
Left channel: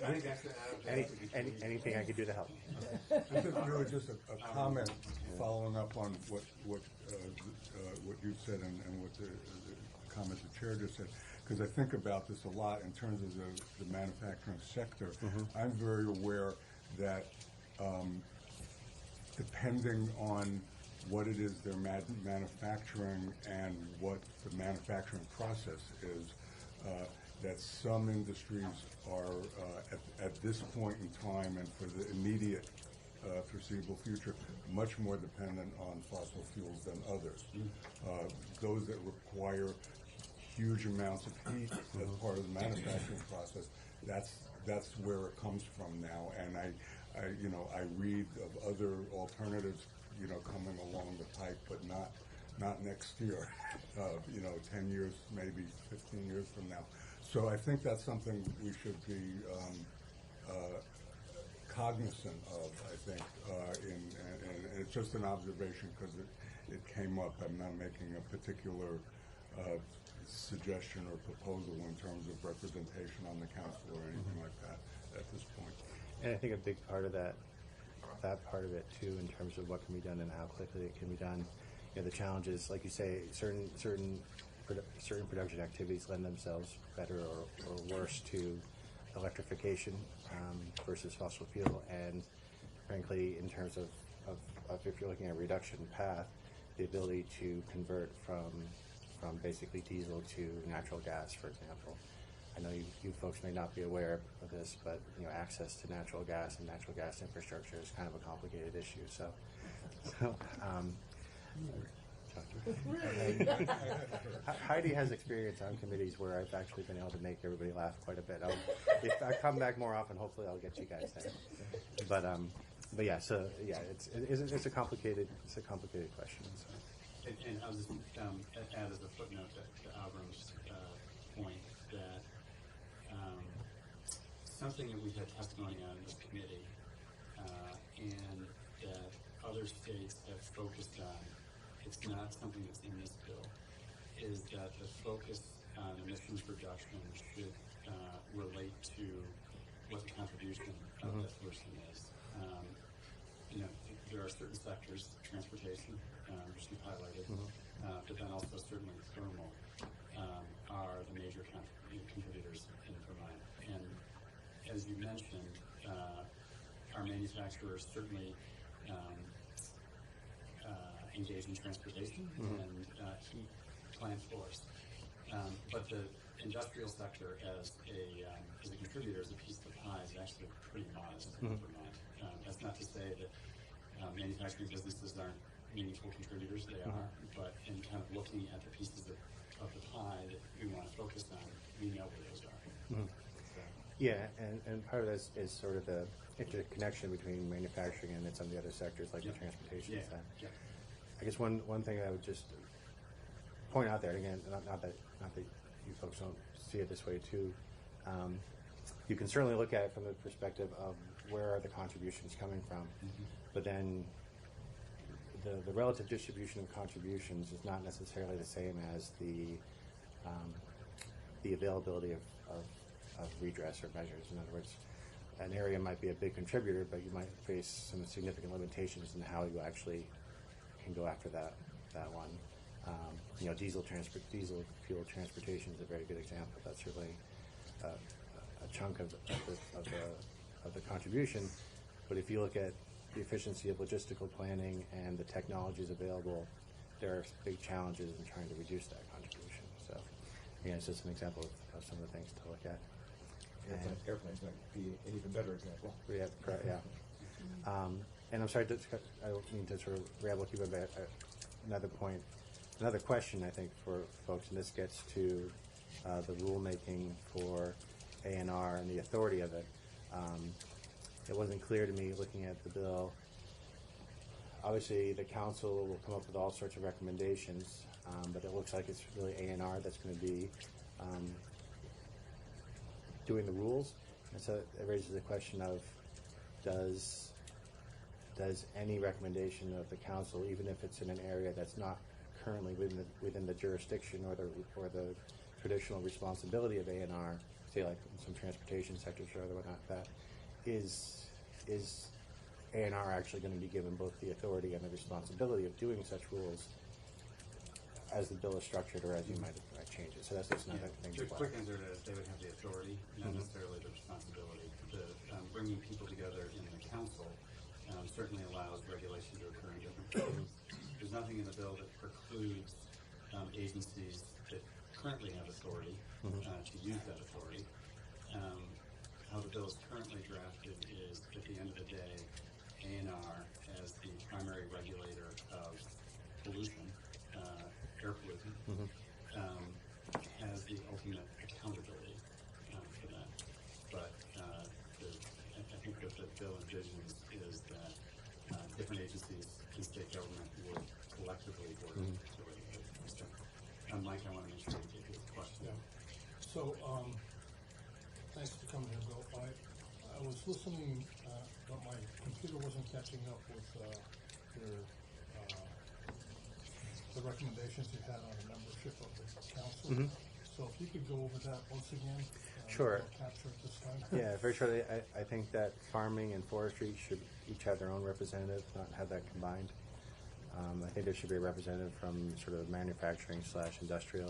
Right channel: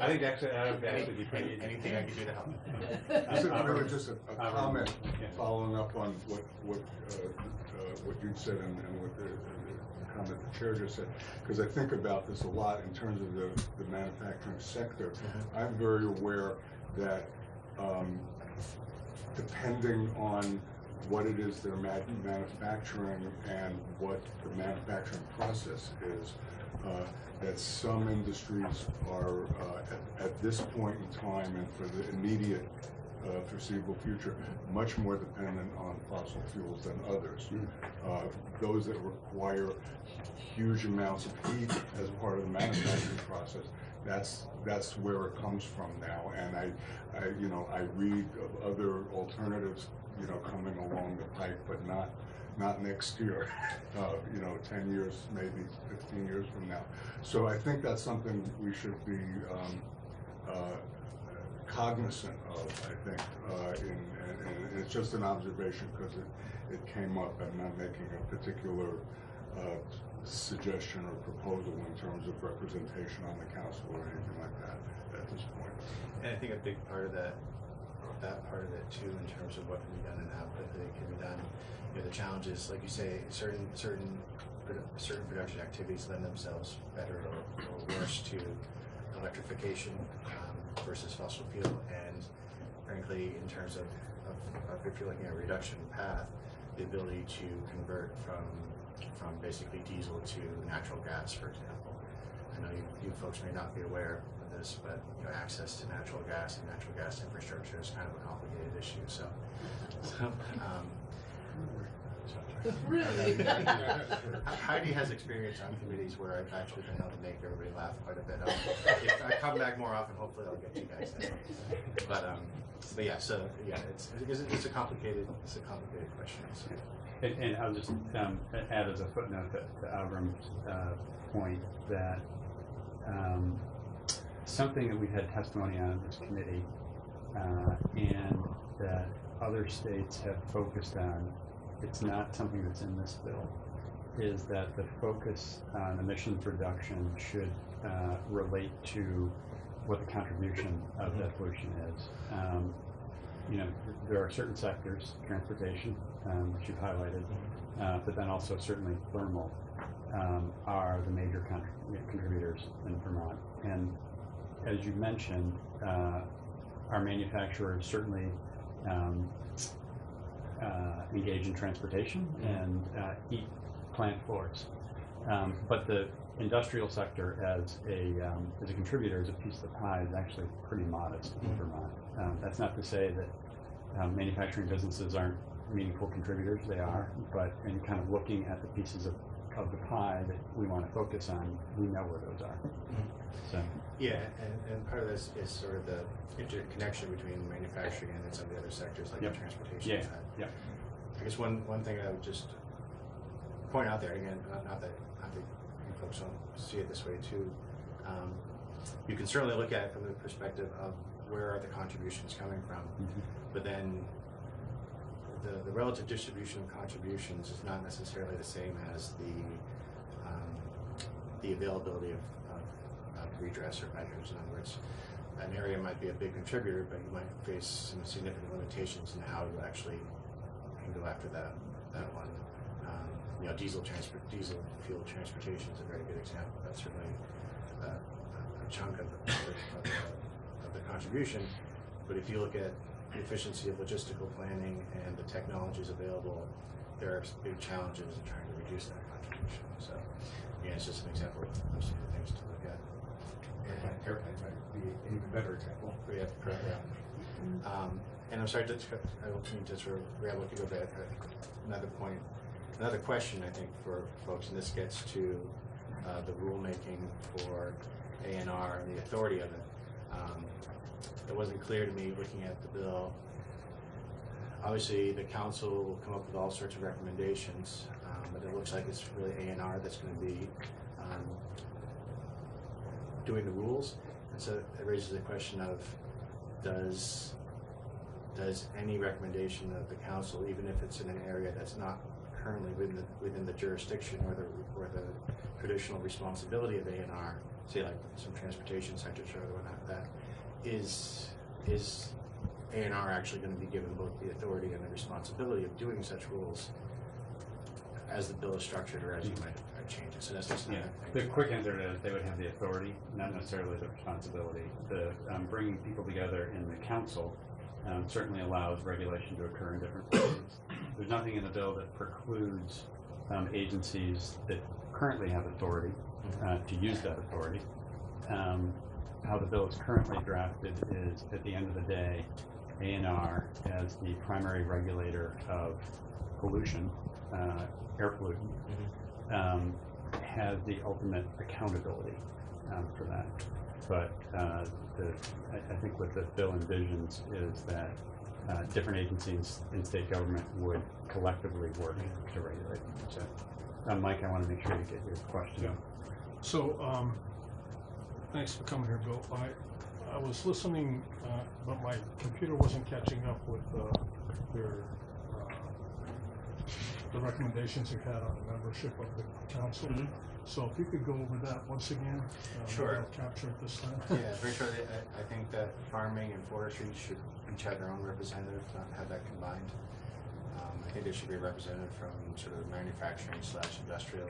I think actually that would actually be pretty easy. Anything I can do to help. Just a comment following up on what you said and what the comment the chair just said, because I think about this a lot in terms of the manufacturing sector. I'm very aware that depending on what it is they're manufacturing and what the manufacturing process is, that some industries are at this point in time and for the immediate foreseeable future much more dependent on fossil fuels than others. Those that require huge amounts of heat as part of the manufacturing process, that's where it comes from now. And I read of other alternatives coming along the pike, but not next year, 10 years, maybe 15 years from now. So I think that's something we should be cognizant of, I think, in it's just an observation because it came up. I'm not making a particular suggestion or proposal in terms of representation on the council or anything like that at this point. And I think a big part of that part of it too, in terms of what can be done and how quickly it can be done. You know, the challenge is, like you say, certain production activities lend themselves better or worse to electrification versus fossil fuel. And frankly, in terms of if you're looking at a reduction path, the ability to convert from basically diesel to natural gas, for example. I know you folks may not be aware of this, but you know, access to natural gas and natural gas infrastructure is kind of a complicated issue. Really? Heidi has experience on committees where I've actually been able to make everybody laugh quite a bit. If I come back more often, hopefully I'll get you guys there. But yeah, so yeah, it's a complicated question. So. And I'll just add as a footnote to Avram's point that something that we've had testimony on in this committee and that other states have focused on, it's not something that's in this bill, is that the focus on emissions reduction should relate to what the contribution of that pollution is. You know, there are certain sectors, transportation, which you've highlighted, but then also certainly thermal are the major contributors in Vermont. And as you mentioned, our manufacturers certainly engage in transportation and heat plant floors. But the industrial sector as a contributor, as a piece of the pie, is actually pretty modest in Vermont. That's not to say that manufacturing businesses aren't meaningful contributors, they are, but in kind of looking at the pieces of the pie that we want to focus on, we know where those are. So. Yeah, and part of this is sort of the interconnection between manufacturing and some of the other sectors like the transportation. Yeah. I guess one thing I would just point out there, again, not that you folks don't see it this way too, you can certainly look at it from the perspective of where are the contributions coming from, but then the relative distribution of contributions is not necessarily the same as the availability of redress or measures. In other words, an area might be a big contributor, but you might face some significant limitations in how you actually can go after that one. You know, diesel fuel transportation is a very good example. That's really a chunk of the contribution. But if you look at the efficiency of logistical planning and the technologies available, there are big challenges in trying to reduce that contribution. So, again, it's just an example of some of the things to look at. Airplanes might be an even better example. Yeah. And I'm sorry, I don't mean to sort of ramble if you go back. Another question I think for folks, and this gets to the rulemaking for A&R and the authority of it. It wasn't clear to me looking at the bill. Obviously, the council will come up with all sorts of recommendations, but it looks like it's really A&R that's going to be doing the rules. And so it raises the question of, does any recommendation of the council, even if it's in an area that's not currently within the jurisdiction or the traditional responsibility of A&R, say like some transportation sectors or other whatnot, that is A&R actually going to be given both the authority and the responsibility of doing such rules as the bill is structured or as you might change it? So that's just another thing. The quick answer to that is they would have the authority, not necessarily the responsibility. The bringing people together in the council certainly allows regulation to occur in different places. There's nothing in the bill that precludes agencies that currently have authority to use that authority. How the bill is currently drafted is, at the end of the day, A&R as the primary regulator of pollution, air pollutant, has the ultimate accountability for that. But I think what the bill envisions is that different agencies in state government would collectively work to regulate. So, Mike, I want to make sure you get your question. Yeah. So, thanks for coming here, Bill. I was listening, but my computer wasn't catching up with your, the recommendations you had on the membership of the council. Mhm. So if you could go over that once again. Sure. I'll capture it this time. Yeah, very shortly, I think that farming and forestry should each have their own representative, have that combined. I think there should be a representative from sort of manufacturing / industrial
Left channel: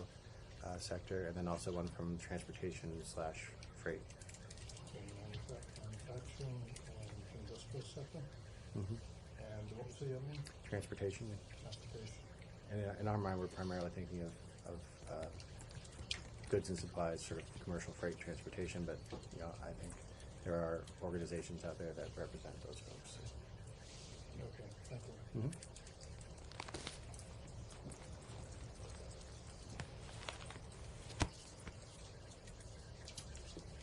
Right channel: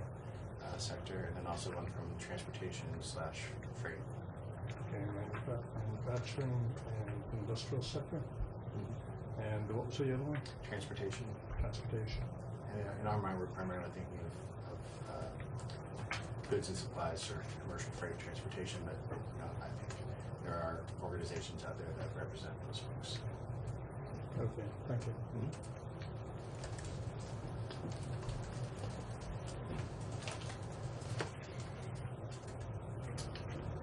sector, and then also one from transportation / freight. Okay, manufacturing and industrial sector. And what was the other one? Transportation. Transportation. And in our mind, we're primarily thinking of goods and supplies, sort of commercial freight transportation, but I think there are organizations out there that represent those folks. Okay, thank you.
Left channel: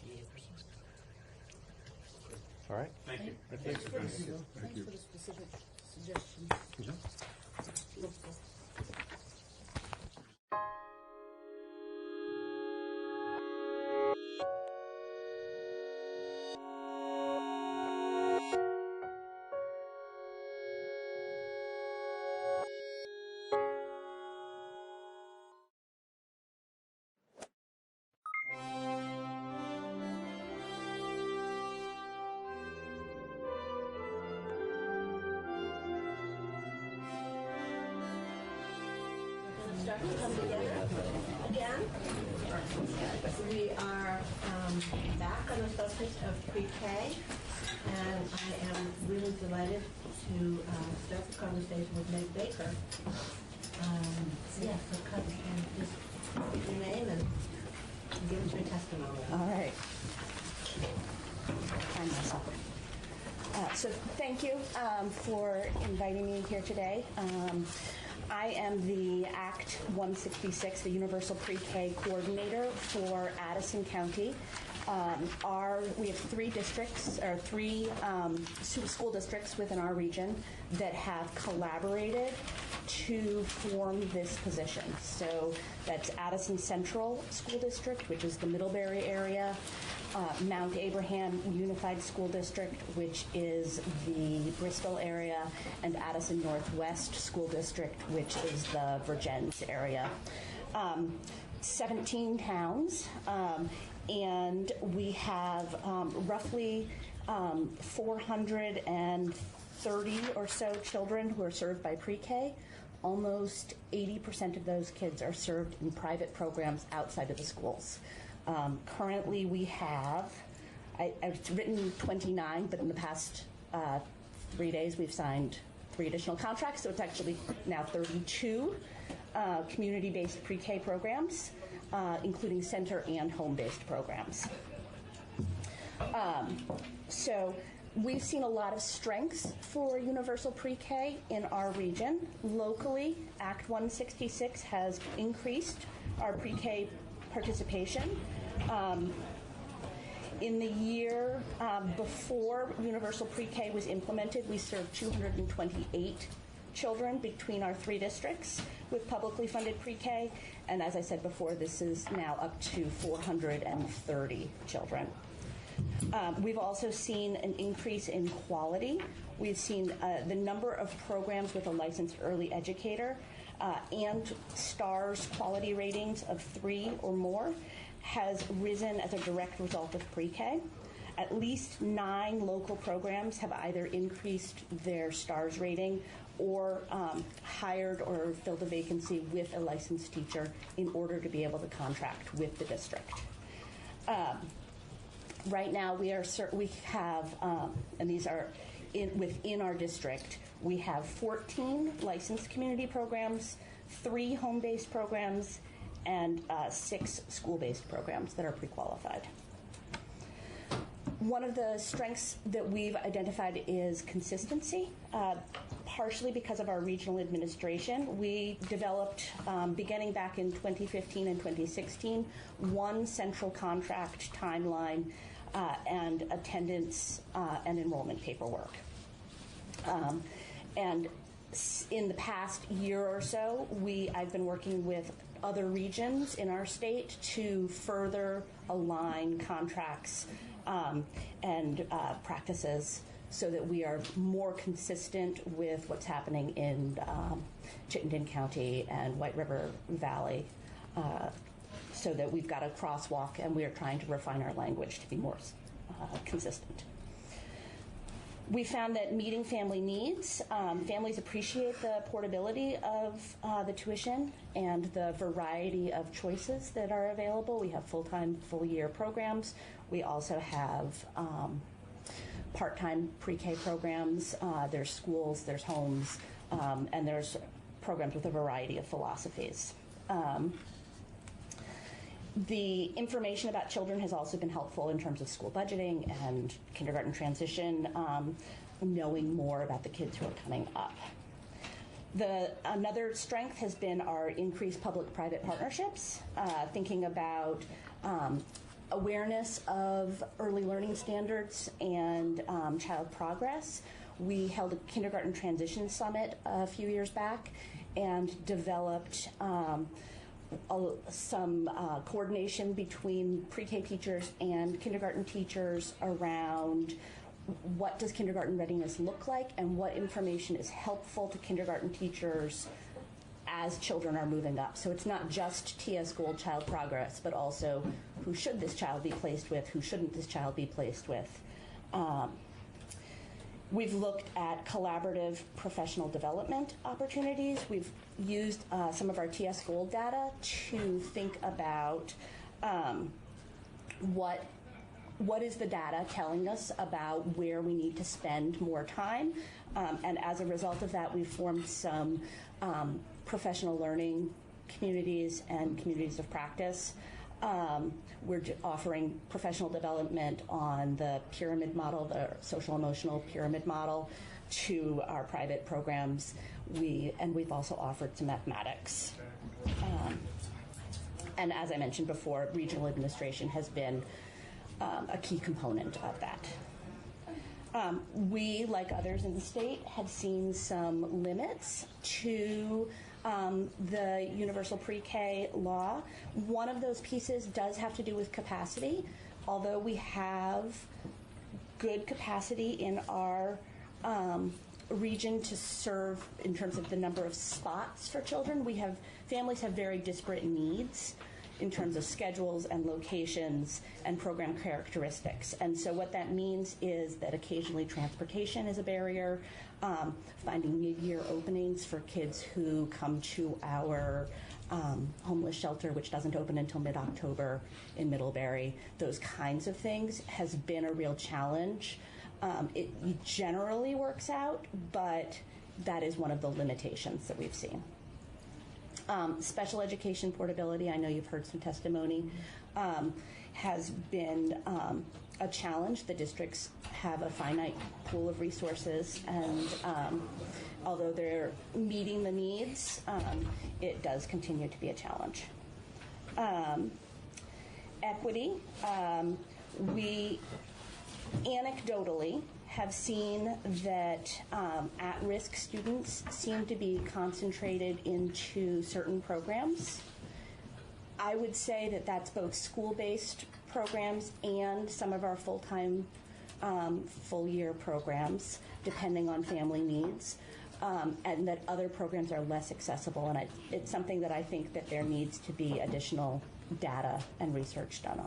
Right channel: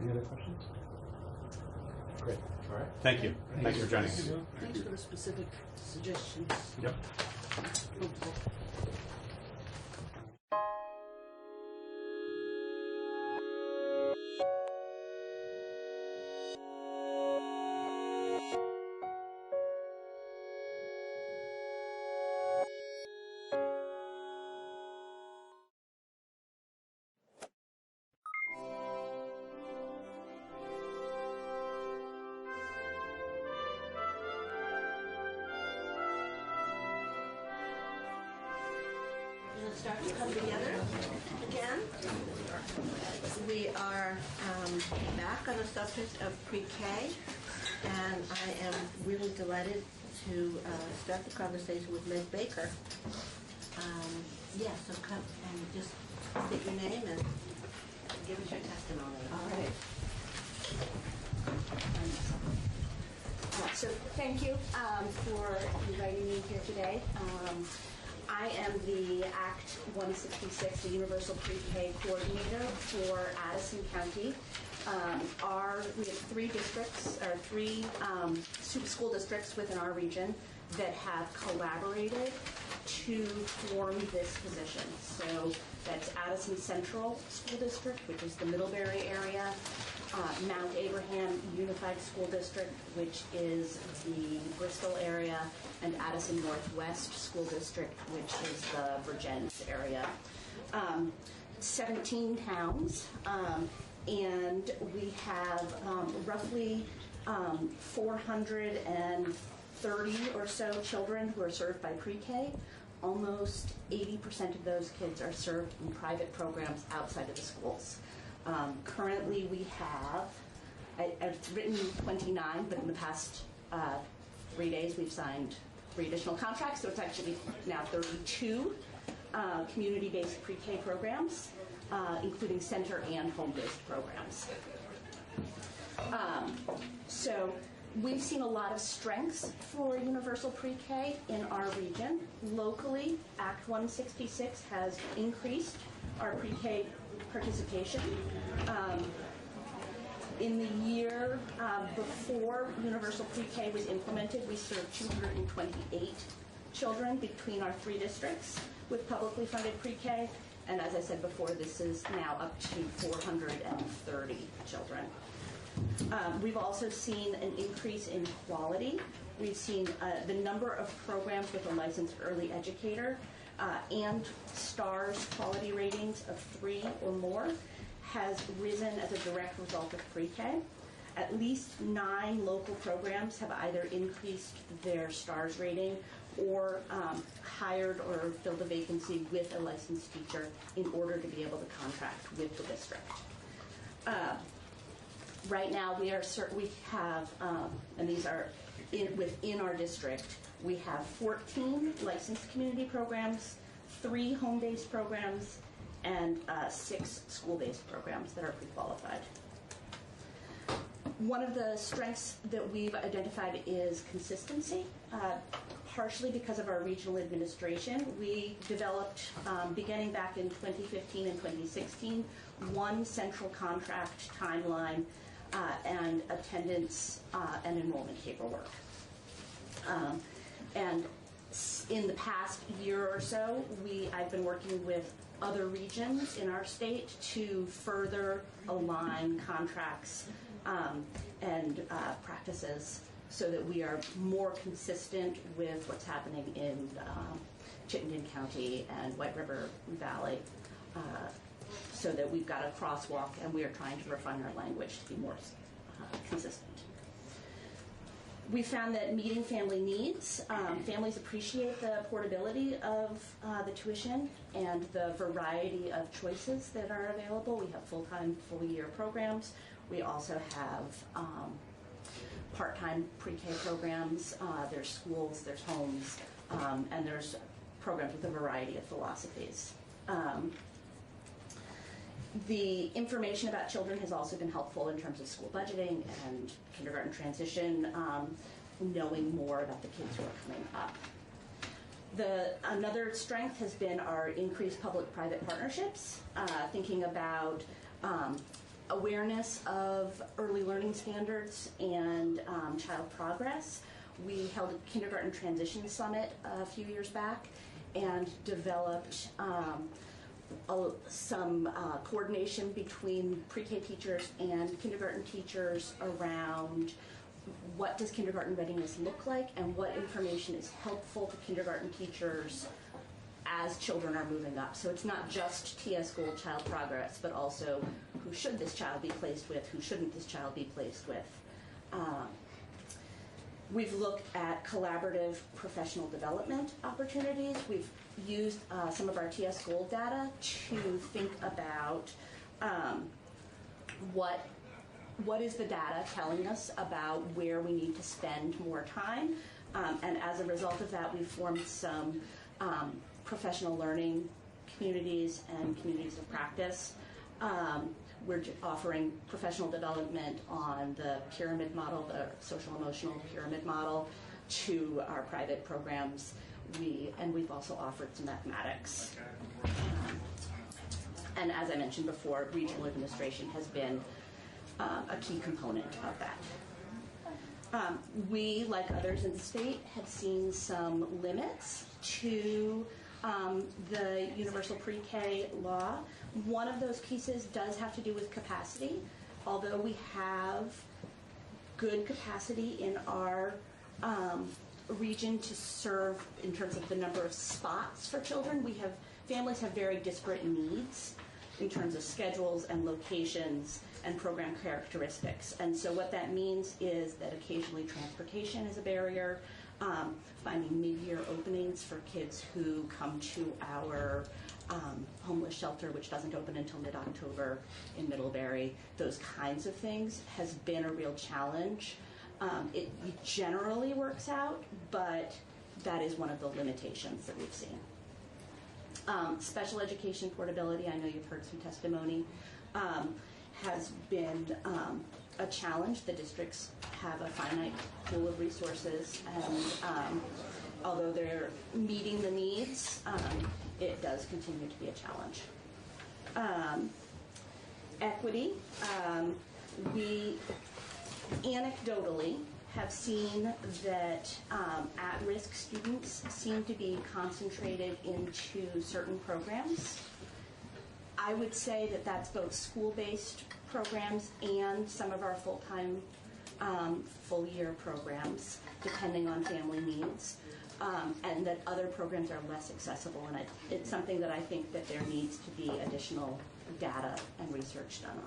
Any other questions? Great. All right. Thank you. Thank you for joining us. Thanks for the specific suggestions. Yep. Start to come together again. We are back on the subject of pre-K, and I am really delighted to start the conversation with Meg Baker. Yeah, so come and just state your name and give us your testimony. All right. So thank you for inviting me here today. I am the Act 166, the Universal Pre-K Coordinator for Addison County. We have three districts, or three school districts within our region that have collaborated to form this position. So that's Addison Central School District, which is the Middlebury area, Mount Abraham Unified School District, which is the Bristol area, and Addison Northwest School District, which is the Virgins area. 17 towns, and we have roughly 430 or so children who are served by pre-K. Almost 80% of those kids are served in private programs outside of the schools. Currently, we have, it's written 29, but in the past 3 days, we've signed 3 additional contracts, so it's actually now 32 community-based pre-K programs, including center and home-based programs. So we've seen a lot of strengths for universal pre-K in our region. Locally, Act 166 has increased our pre-K participation. In the year before universal pre-K was implemented, we served 228 children between our 3 districts with publicly funded pre-K, and as I said before, this is now up to 430 children. We've also seen an increase in quality. We've seen the number of programs with a licensed early educator and STARS quality ratings of 3 or more has risen as a direct result of pre-K. At least 9 local programs have either increased their STARS rating or hired or filled a vacancy with a licensed teacher in order to be able to contract with the district. Right now, we have, and these are within our district, we have 14 licensed community programs, 3 home-based programs, and 6 school-based programs that are pre-qualified. One of the strengths that we've identified is consistency, partially because of our regional administration. We developed, beginning back in 2015 and 2016, one central contract timeline and attendance and enrollment paperwork. And in the past year or so, I've been working with other regions in our state to further align contracts and practices so that we are more consistent with what's happening in Chittenden County and White River Valley, so that we've got a crosswalk and we are trying to refine our language to be more consistent. We found that meeting family needs, families appreciate the portability of the tuition and the variety of choices that are available. We have full-time, full-year programs. We also have part-time pre-K programs. There's schools, there's homes, and there's programs with a variety of philosophies. The information about children has also been helpful in terms of school budgeting and kindergarten transition, knowing more about the kids who are coming up. Another strength has been our increased public-private partnerships, thinking about awareness of early learning standards and child progress. We held a kindergarten transition summit a few years back and developed some coordination between pre-K teachers and kindergarten teachers around what does kindergarten readiness look like and what information is helpful to kindergarten teachers as children are moving up. So it's not just TS Gold child progress, but also who should this child be placed with, who shouldn't this child be placed with. We've looked at collaborative professional development opportunities. We've used some of our TS Gold data to think about what is the data telling us about where we need to spend more time. And as a result of that, we've formed some professional learning communities and communities of practice. We're offering professional development on the pyramid model, the social emotional pyramid model, to our private programs. We've also offered some mathematics. And as I mentioned before, regional administration has been a key component of that. We, like others in the state, have seen some limits to the universal pre-K law. One of those pieces does have to do with capacity. Although we have good capacity in our region to serve in terms of the number of spots for children, families have very disparate needs in terms of schedules and locations and program characteristics. And so what that means is that occasionally transportation is a barrier, finding mid-year openings for kids who come to our homeless shelter, which doesn't open until mid-October in Middlebury. Those kinds of things has been a real challenge. It generally works out, but that is one of the limitations that we've seen. Special education portability, I know you've heard some testimony, has been a challenge. The districts have a finite pool of resources, and although they're meeting the needs, it does continue to be a challenge. Equity, we anecdotally have seen that at-risk students seem to be concentrated into certain programs. I would say that that's both school-based programs and some of our full-time, full-year programs, depending on family needs, and that other programs are less accessible. And it's something that I think that there needs to be additional data and research done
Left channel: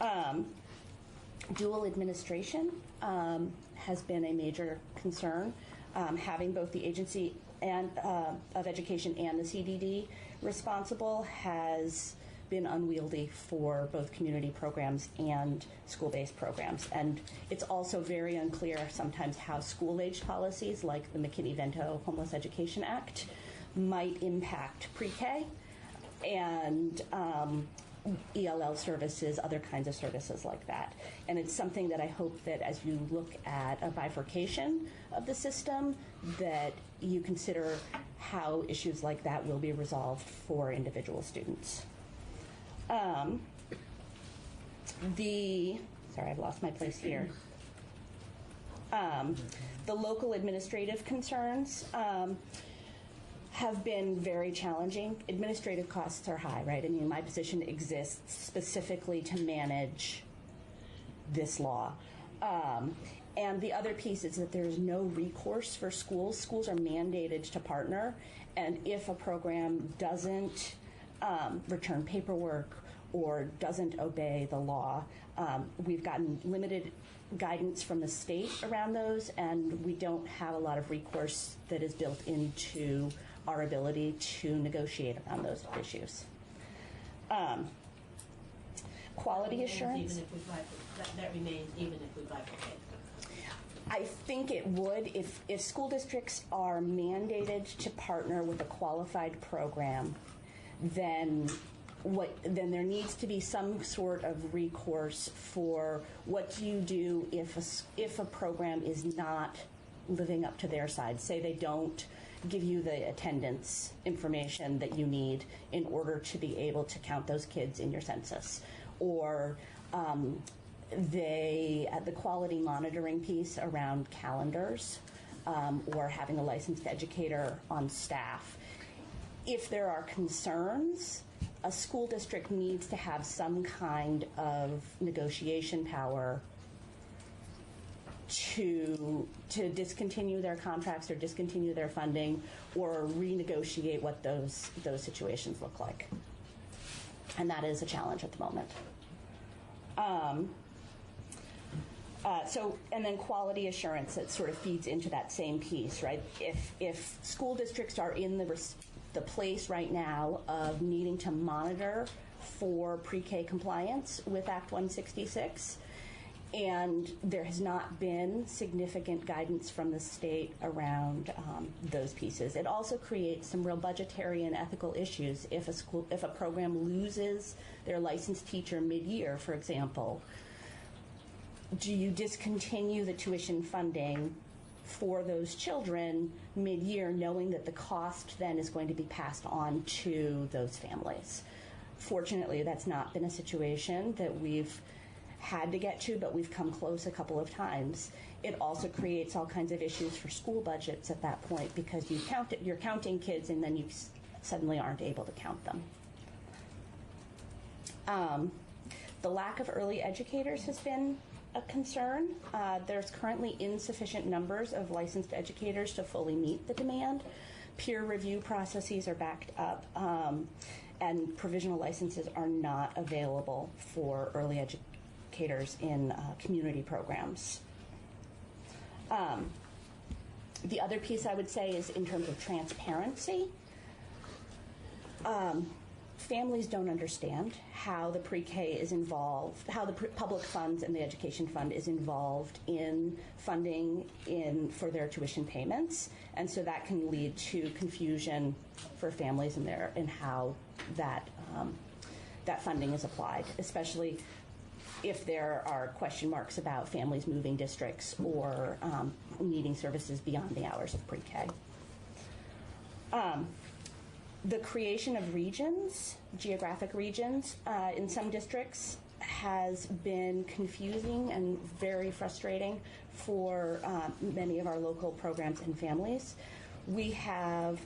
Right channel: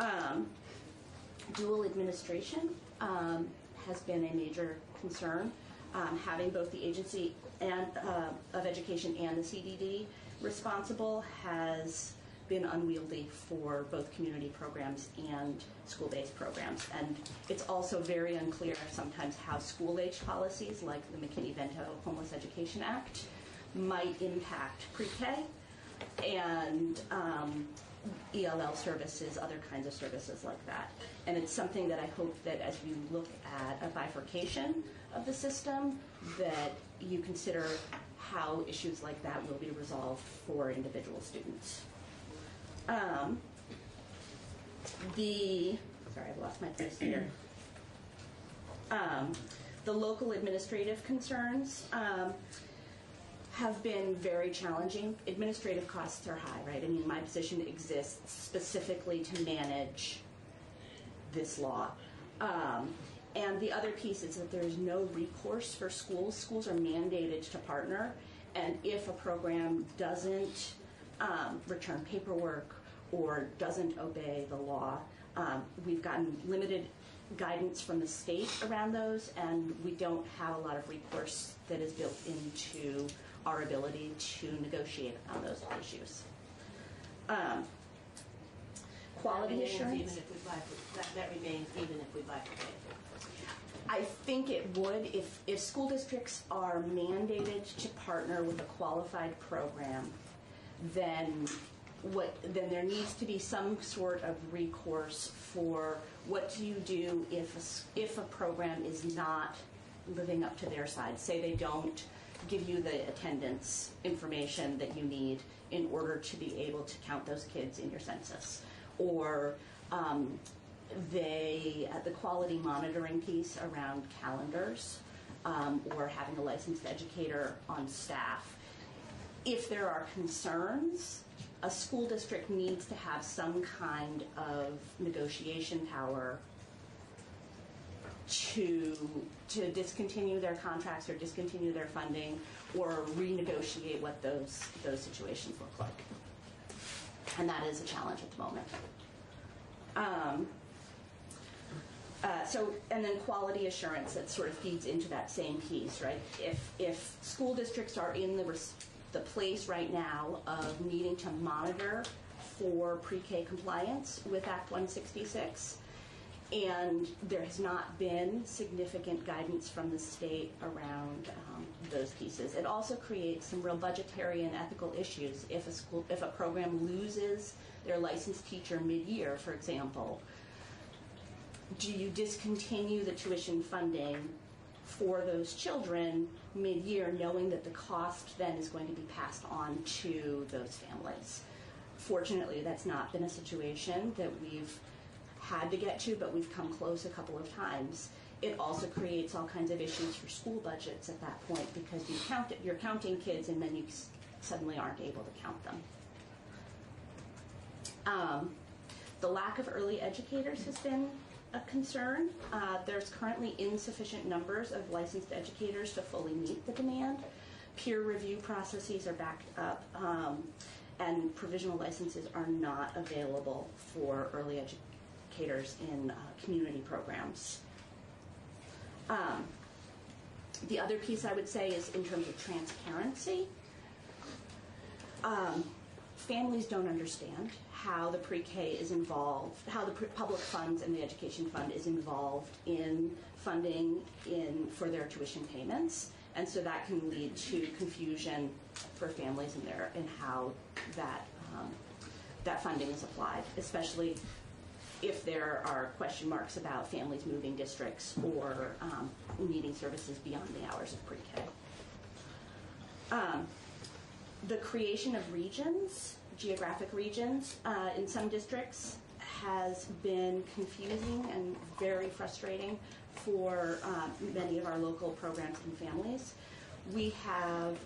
on. Dual administration has been a major concern. Having both the agency of education and the CDD responsible has been unwieldy for both community programs and school-based programs. And it's also very unclear sometimes how school-age policies like the McKinney-Vento Homeless Education Act might impact pre-K and ELL services, other kinds of services like that. And it's something that I hope that as you look at a bifurcation of the system, that you consider how issues like that will be resolved for individual students. Sorry, I've lost my place here. The local administrative concerns have been very challenging. Administrative costs are high, right? I mean, my position exists specifically to manage this law. And the other piece is that there's no recourse for schools. Schools are mandated to partner, and if a program doesn't return paperwork or doesn't obey the law, we've gotten limited guidance from the state around those, and we don't have a lot of recourse that is built into our ability to negotiate around those issues. Quality assurance. Even if we that remains even if we bifurcate. I think it would if school districts are mandated to partner with a qualified program, then there needs to be some sort of recourse for what do you do if a program is not living up to their side. Say they don't give you the attendance information that you need in order to be able to count those kids in your census, or the quality monitoring piece around calendars, or having a licensed educator on staff. If there are concerns, a school district needs to have some kind of negotiation power to discontinue their contracts or discontinue their funding or renegotiate what those situations look like. And that is a challenge at the moment. And then quality assurance, that sort of feeds into that same piece, right? If school districts are in the place right now of needing to monitor for pre-K compliance with Act 166, and there has not been significant guidance from the state around those pieces. It also creates some real budgetary and ethical issues if a program loses their licensed teacher mid-year, for example. Do you discontinue the tuition funding for those children mid-year, knowing that the cost then is going to be passed on to those families? Fortunately, that's not been a situation that we've had to get to, but we've come close a couple of times. It also creates all kinds of issues for school budgets at that point, because you're counting kids and then you suddenly aren't able to count them. The lack of early educators has been a concern. There's currently insufficient numbers of licensed educators to fully meet the demand. Peer review processes are backed up, and provisional licenses are not available for early educators in community programs. The other piece I would say is in terms of transparency. Families don't understand how the pre-K is involved, how the public funds and the education fund is involved in funding for their tuition payments, and so that can lead to confusion for families in how that funding is applied, especially if there are question marks about families moving districts or needing services beyond the hours of pre-K. The creation of regions, geographic regions, in some districts has been confusing and very frustrating for many of our local programs and families. We have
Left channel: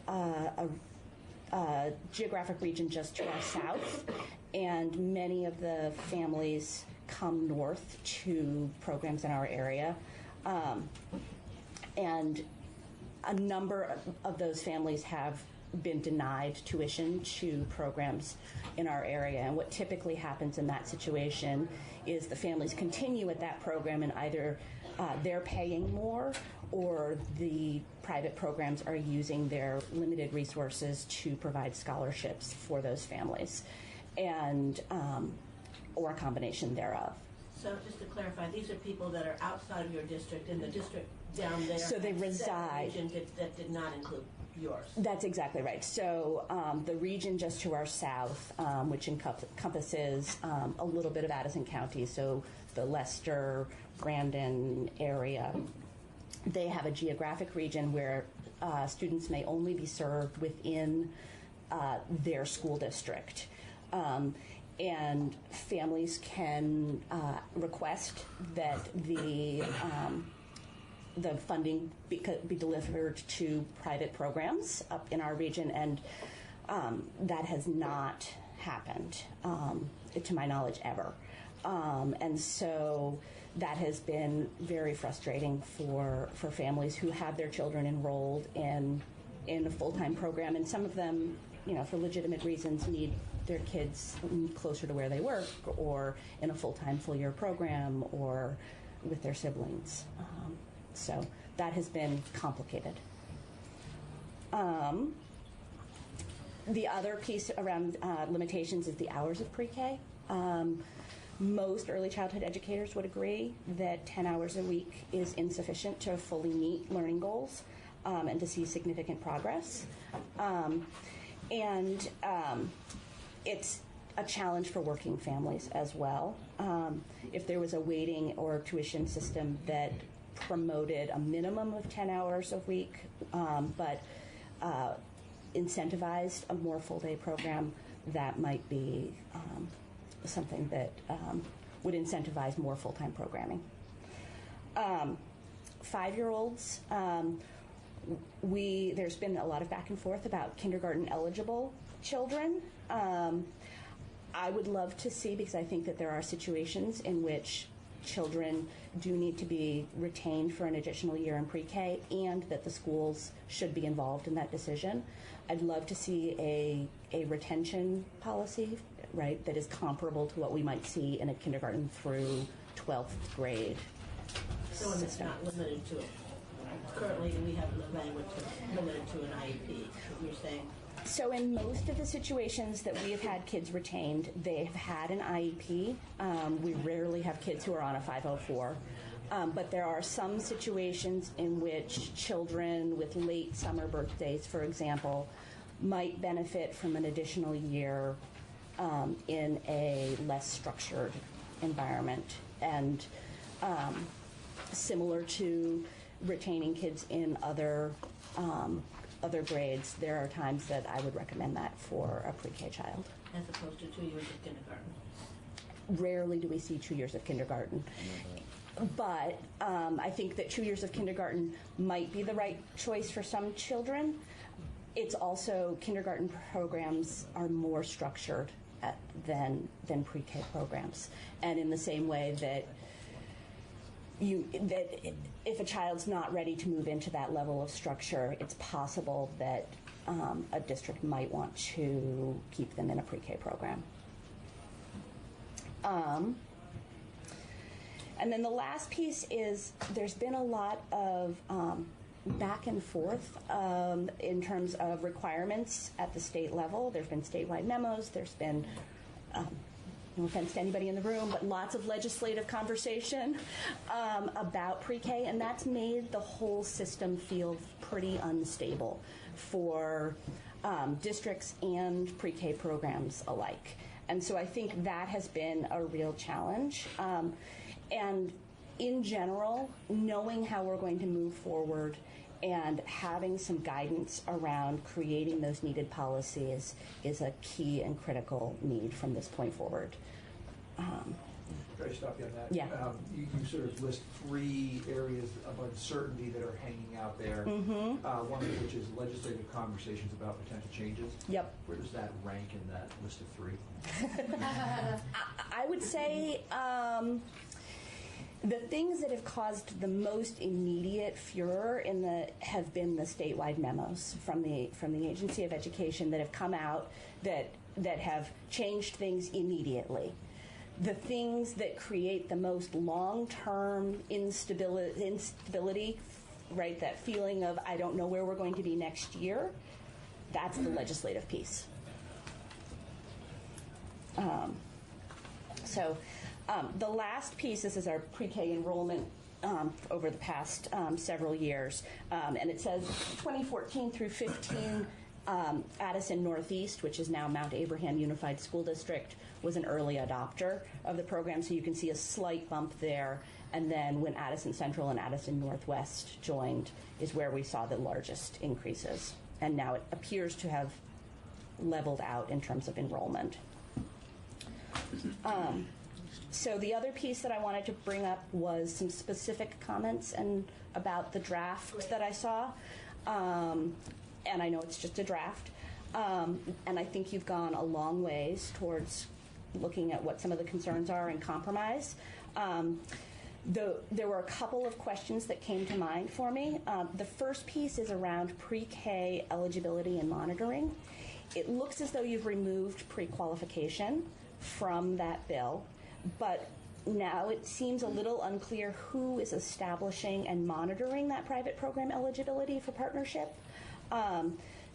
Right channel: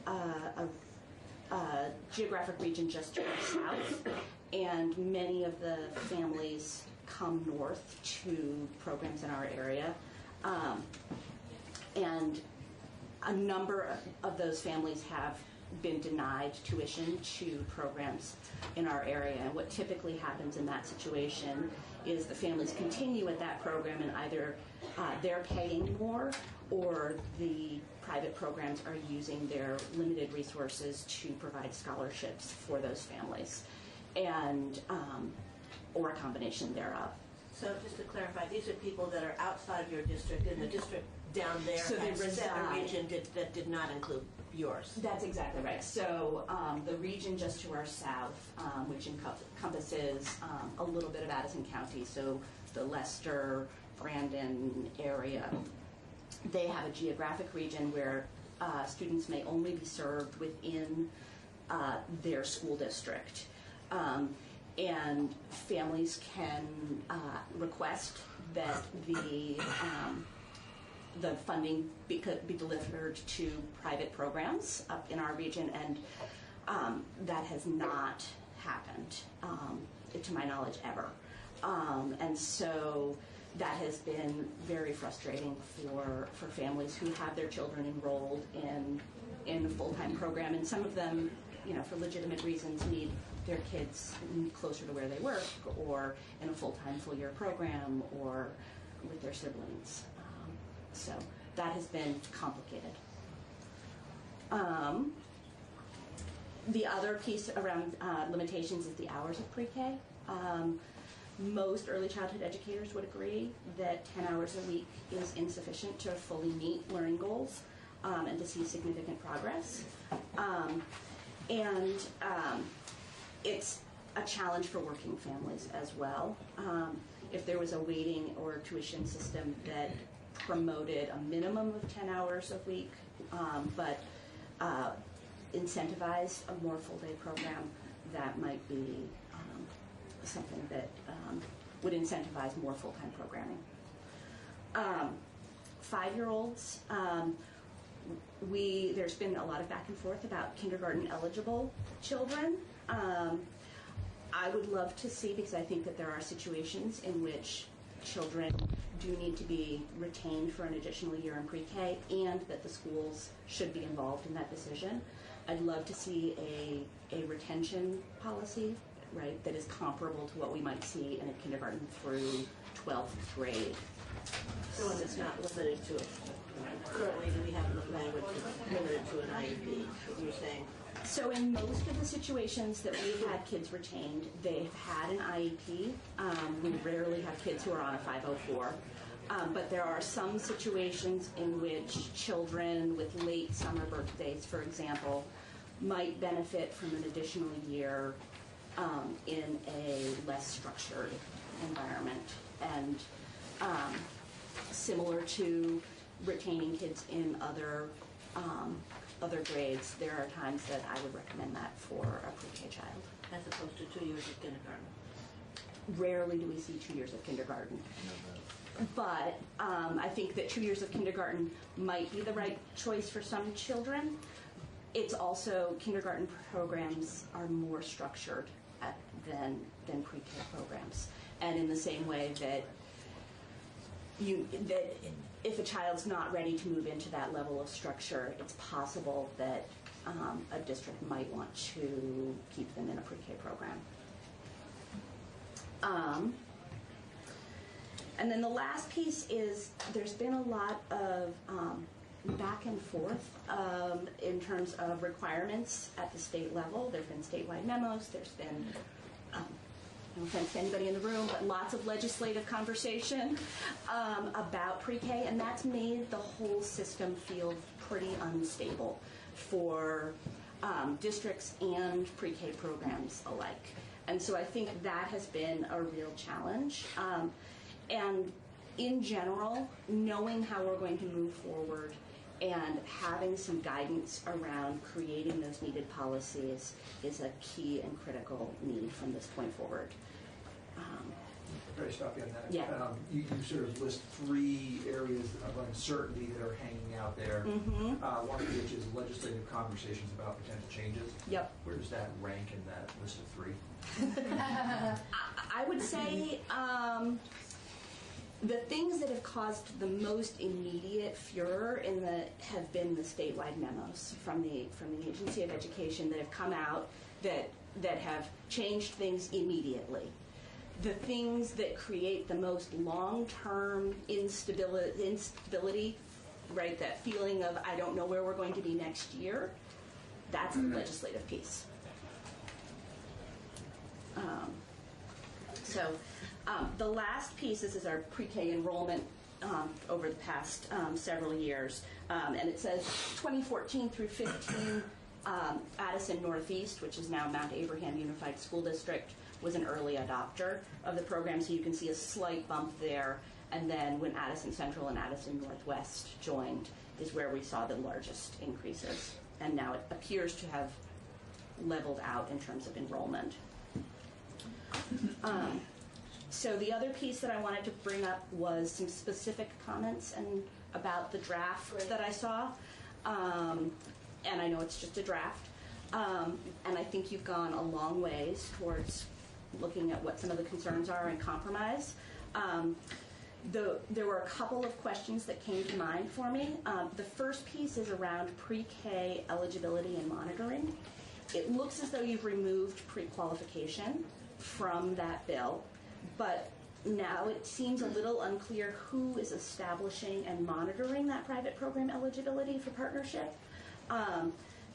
a geographic region just to our south, and many of the families come north to programs in our area. And a number of those families have been denied tuition to programs in our area. And what typically happens in that situation is the families continue with that program, and either they're paying more or the private programs are using their limited resources to provide scholarships for those families, and or a combination thereof. So just to clarify, these are people that are outside of your district, and the district down there So they has set a reside. region that did not include yours. That's exactly right. So the region just to our south, which encompasses a little bit of Addison County, so the Leicester, Brandon area, they have a geographic region where students may only be served within their school district. And families can request that the funding be delivered to private programs up in our region, and that has not happened, to my knowledge, ever. And so that has been very frustrating for families who have their children enrolled in a full-time program, and some of them, for legitimate reasons, need their kids closer to where they work, or in a full-time, full-year program, or with their siblings. So that has been complicated. The other piece around limitations is the hours of pre-K. Most early childhood educators would agree that 10 hours a week is insufficient to fully meet learning goals and to see significant progress. It's a challenge for working families as well. If there was a weighting or tuition system that promoted a minimum of 10 hours a week, but incentivized a more full-day program, that might be something that would incentivize more full-time programming. 5-year-olds, there's been a lot of back and forth about kindergarten eligible children. I would love to see, because I think that there are situations in which children do need to be retained for an additional year in pre-K, and that the schools should be involved in that decision. I'd love to see a retention policy, right, that is comparable to what we might see in a kindergarten through 12th grade. So it's not limited to, currently we have the language limited to an IEP, you're saying? So in most of the situations that we have had kids retained, they've had an IEP. We rarely have kids who are on a 504. But there are some situations in which children with late summer birthdays, for example, might benefit from an additional year in a less structured environment. And similar to retaining kids in other grades, there are times that I would recommend that for a pre-K child. As opposed to 2 years of kindergarten? Rarely do we see 2 years of kindergarten. But I think that 2 years of kindergarten might be the right choice for some children. It's also, kindergarten programs are more structured than pre-K programs. And in the same way that if a child's not ready to move into that level of structure, it's possible that a district might want to keep them in a pre-K program. And then the last piece is there's been a lot of back and forth in terms of requirements at the state level. There's been statewide memos. There's been, no offense to anybody in the room, but lots of legislative conversation about pre-K, and that's made the whole system feel pretty unstable for districts and pre-K programs alike. And so I think that has been a real challenge. And in general, knowing how we're going to move forward and having some guidance around creating those needed policies is a key and critical need from this point forward. Very stop you on that. Yeah. You sort of list 3 areas of uncertainty that are hanging out there. Mm-hmm. One of which is legislative conversations about potential changes. Yep. Where does that rank in that list of 3? I would say the things that have caused the most immediate furor have been the statewide memos from the Agency of Education that have come out that have changed things immediately. The things that create the most long-term instability, right, that feeling of I don't know where we're going to be next year, that's the legislative piece. The last piece, this is our pre-K enrollment over the past several years, and it says 2014 through 15, Addison Northeast, which is now Mount Abraham Unified School District, was an early adopter of the program, so you can see a slight bump there. And then when Addison Central and Addison Northwest joined is where we saw the largest increases. And now it appears to have leveled out in terms of enrollment. So the other piece that I wanted to bring up was some specific comments about the draft that I saw. And I know it's just a draft. And I think you've gone a long ways towards looking at what some of the concerns are and compromise. There were a couple of questions that came to mind for me. The first piece is around pre-K eligibility and monitoring. It looks as though you've removed pre-qualification from that bill, but now it seems a little unclear who is establishing and monitoring that private program eligibility for partnership.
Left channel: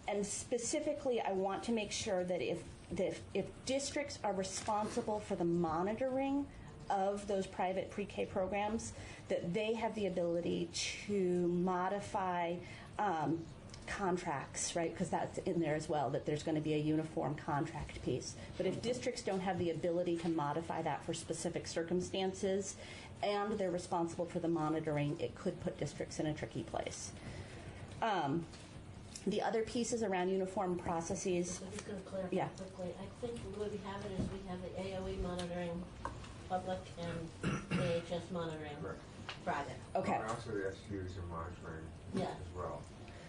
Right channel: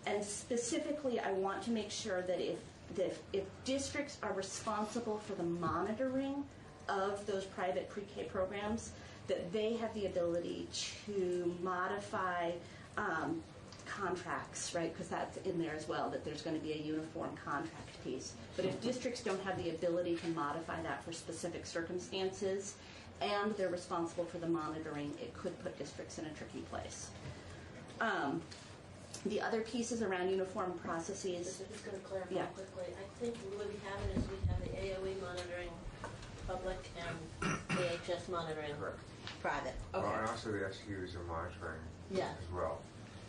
And specifically, I want to make sure that if districts are responsible for the monitoring of those private pre-K programs, that they have the ability to modify contracts, right? Because that's in there as well, that there's going to be a uniform contract piece. But if districts don't have the ability to modify that for specific circumstances, and they're responsible for the monitoring, it could put districts in a tricky place. The other pieces around uniform processes. I'm just going to clarify quickly. I think the way we have it is we have the AOE monitoring public and AHS monitoring private. Okay. Well, and also the SUs are monitoring as well.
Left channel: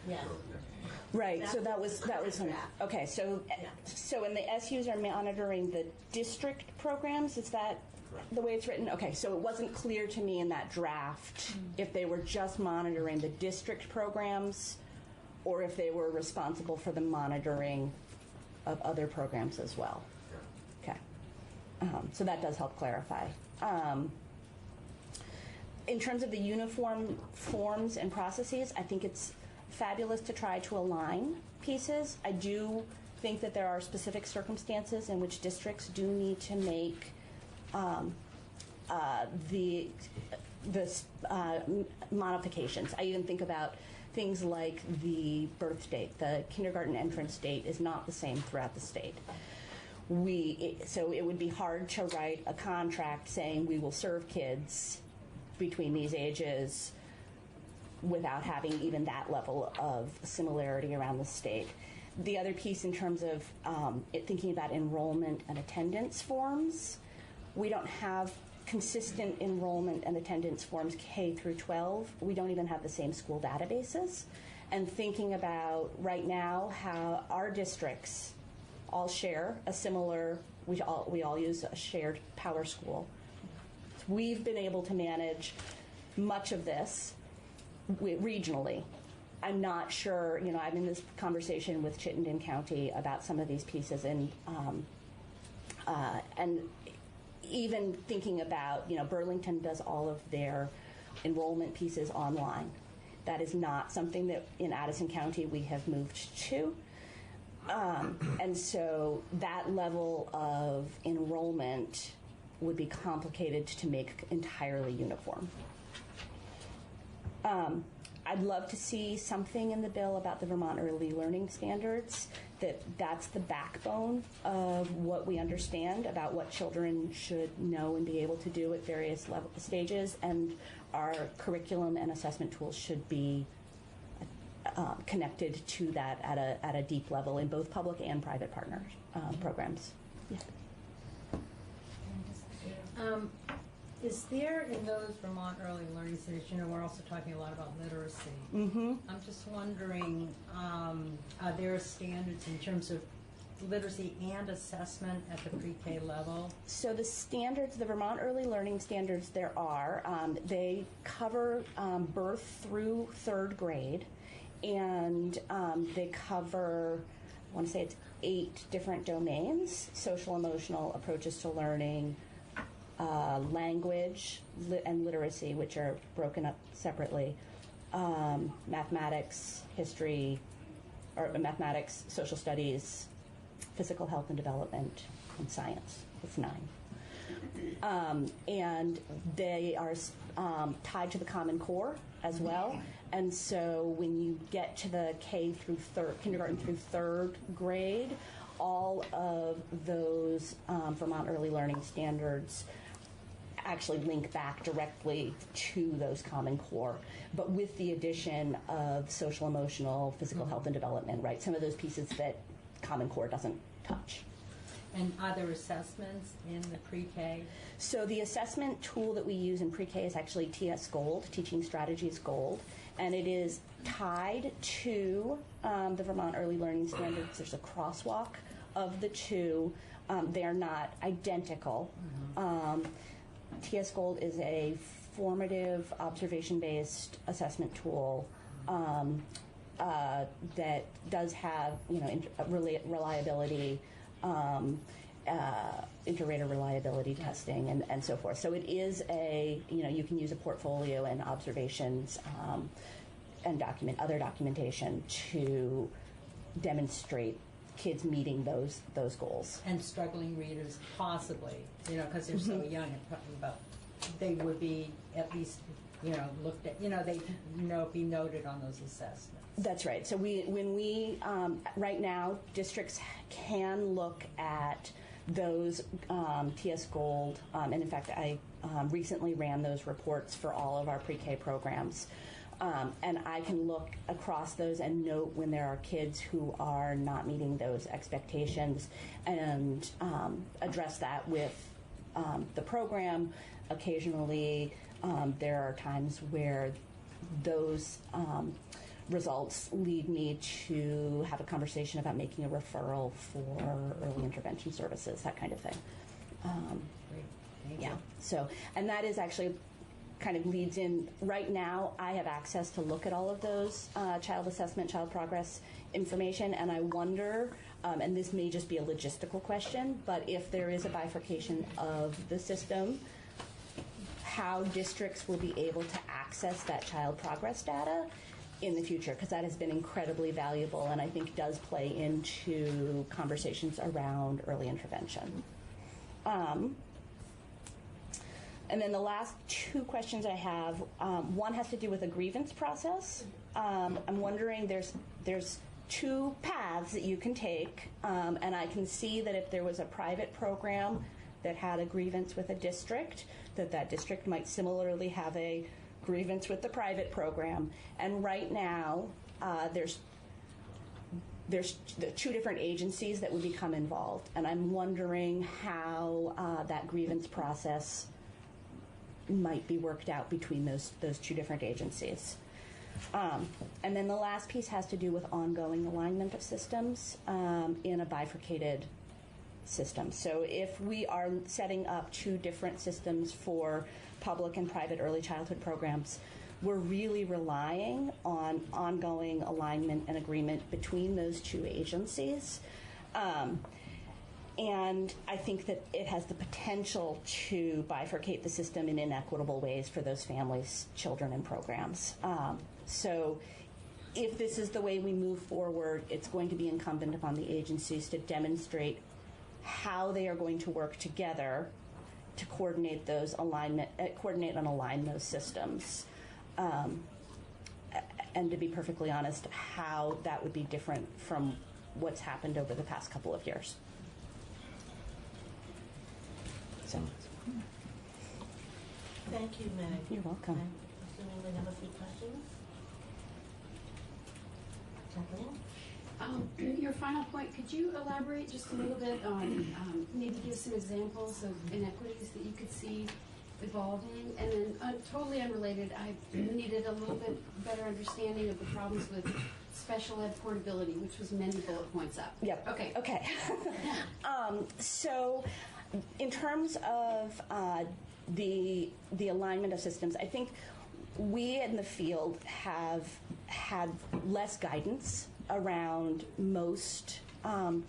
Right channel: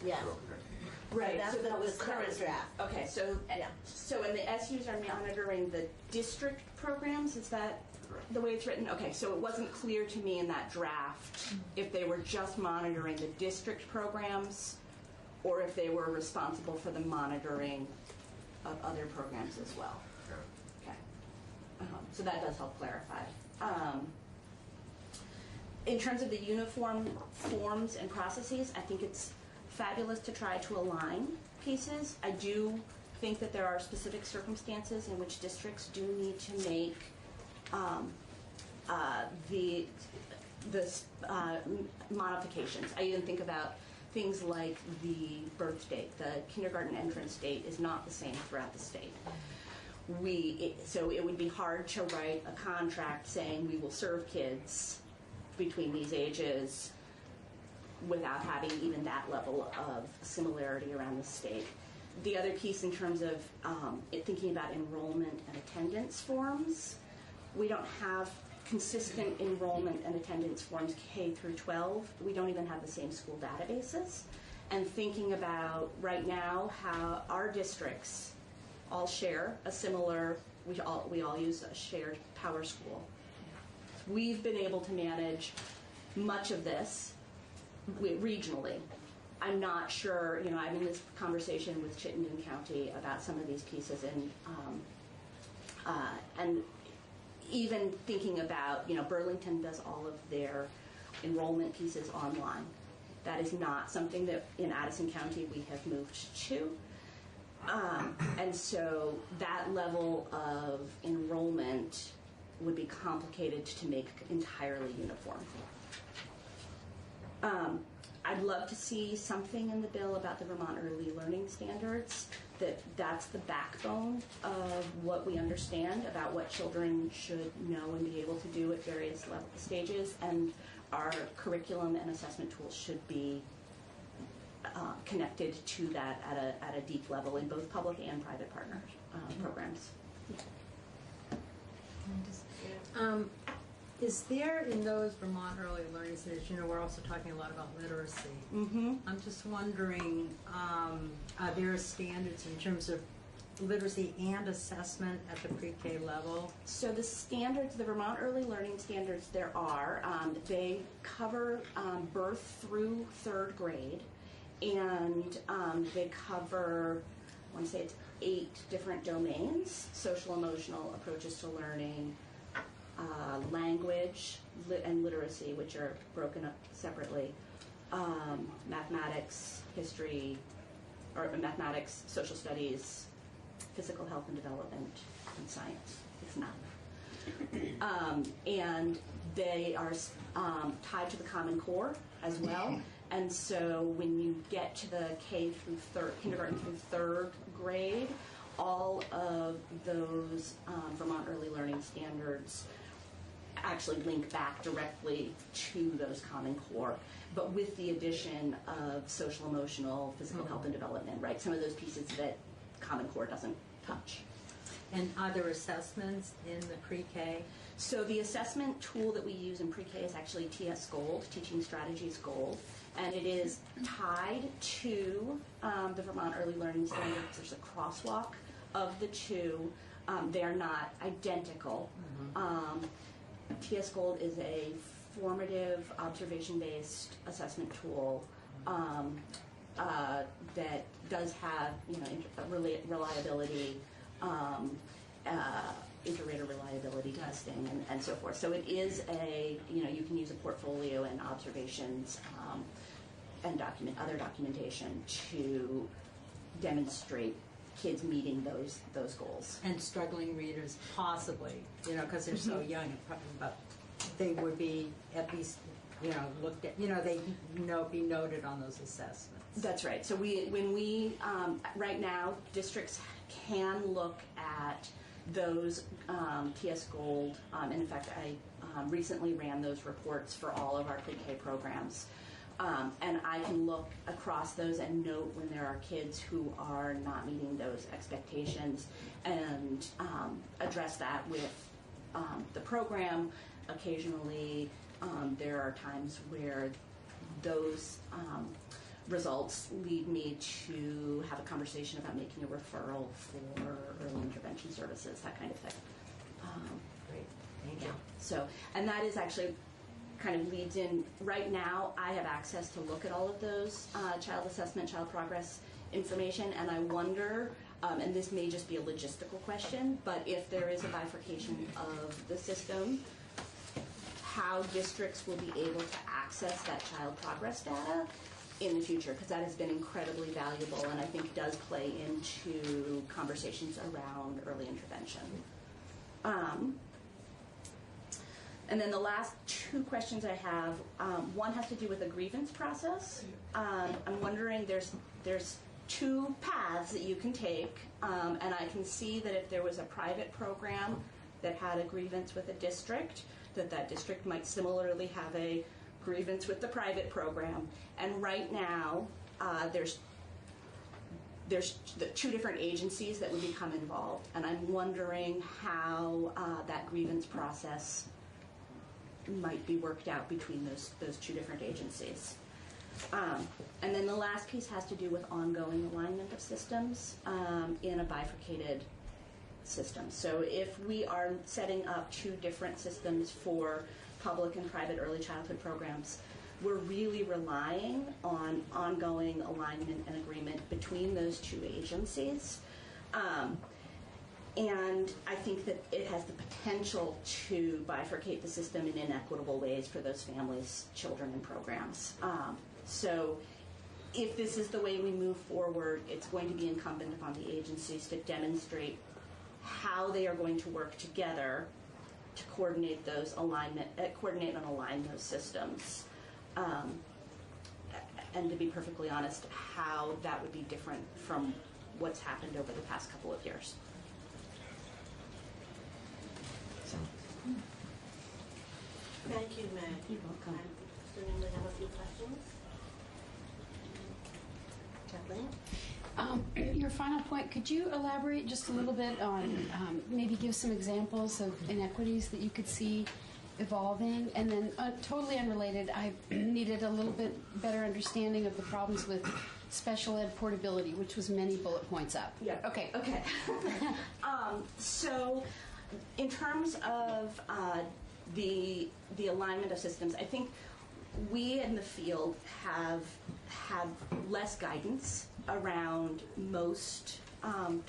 Yeah. So, Right. So that was current draft. Okay. So when the SUs are monitoring the district programs, is that the way it's written? Okay. So it wasn't clear to me in that draft if they were just monitoring the district programs, or if they were responsible for the monitoring of other programs as well. Okay. So that does help clarify. In terms of the uniform forms and processes, I think it's fabulous to try to align pieces. I do think that there are specific circumstances in which districts do need to make modifications. I even think about things like the birth date. The kindergarten entrance date is not the same throughout the state. So it would be hard to write a contract saying we will serve kids between these ages without having even that level of similarity around the state. The other piece in terms of thinking about enrollment and attendance forms, we don't have consistent enrollment and attendance forms K through 12. We don't even have the same school databases. And thinking about right now how our districts all share a similar, we all use a shared power school. We've been able to manage much of this regionally. I'm not sure, I'm in this conversation with Chittenden County about some of these pieces, and even thinking about, Burlington does all of their enrollment pieces online. That is not something that in Addison County we have moved to. And so that level of enrollment would be complicated to make entirely uniform. I'd love to see something in the bill about the Vermont Early Learning Standards, that's the backbone of what we understand about what children should know and be able to do at various stages, and our curriculum and assessment tools should be connected to that at a deep level in both public and private partners programs. Is there in those Vermont Early Learning Centers, we're also talking a lot about literacy. I'm just wondering, are there standards in terms of literacy and assessment at the pre-K level? So the standards, the Vermont Early Learning Standards, there are. They cover birth through 3rd grade, and they cover, I want to say it's 8 different domains: social emotional approaches to learning, language and literacy, which are broken up separately, mathematics, history, or mathematics, social studies, physical health and development, and science. It's 9. And they are tied to the Common Core as well. And so when you get to the kindergarten through 3rd grade, all of those Vermont Early Learning Standards actually link back directly to those Common Core, but with the addition of social, emotional, physical health and development, right? Some of those pieces that Common Core doesn't touch. And are there assessments in the pre-K? So the assessment tool that we use in pre-K is actually TS Gold, Teaching Strategies Gold, and it is tied to the Vermont Early Learning Standards. There's a crosswalk of the two. They are not identical. TS Gold is a formative observation-based assessment tool that does have, reliability, inter-rater reliability testing and so forth. So it is you can use a portfolio and observations and other documentation to demonstrate kids meeting those goals. And struggling readers possibly, because they're so young, and probably, but they would be at least, looked at, they be noted on those assessments. That's right. So when we right now, districts can look at those PS Gold, and in fact, I recently ran those reports for all of our pre-K programs. And I can look across those and note when there are kids who are not meeting those expectations and address that with the program. Occasionally, there are times where those results lead me to have a conversation about making a referral for early intervention services, that kind of thing. Great, thank you. Yeah, so, and that is actually kind of leads in, right now I have access to look at all of those child assessment, child progress information, and I wonder, and this may just be a logistical question, but if there is a bifurcation of the system, how districts will be able to access that child progress data in the future, because that has been incredibly valuable and I think does play into conversations around early intervention. And then the last two questions I have, one has to do with a grievance process. I'm wondering, there's two paths that you can take, and I can see that if there was a private program that had a grievance with a district, that district might similarly have a grievance with the private program. And right now, there's the two different agencies that would become involved, and I'm wondering how that grievance process might be worked out between those two different agencies. And then the last piece has to do with ongoing alignment of systems in a bifurcated system. So if we are setting up two different systems for public and private early childhood programs, we're really relying on ongoing alignment and agreement between those two agencies. And I think that it has the potential to bifurcate the system in inequitable ways for those families, children, and programs. So if this is the way we move forward, it's going to be incumbent upon the agencies to demonstrate how they are going to work together to coordinate those coordinate and align those systems. And to be perfectly honest, how that would be different from what's happened over the past couple of years. So. Thank you, Meg. You're welcome. I'm assuming we have a few questions. Kathleen? Your final point, could you elaborate just a little bit on, maybe give some examples of inequities that you could see evolving? And then totally unrelated, I needed a little bit better understanding of the problems with special ed portability, which was many bullet points up. Yeah. Okay. So in terms of the alignment of systems, I think we in the field have had less guidance around most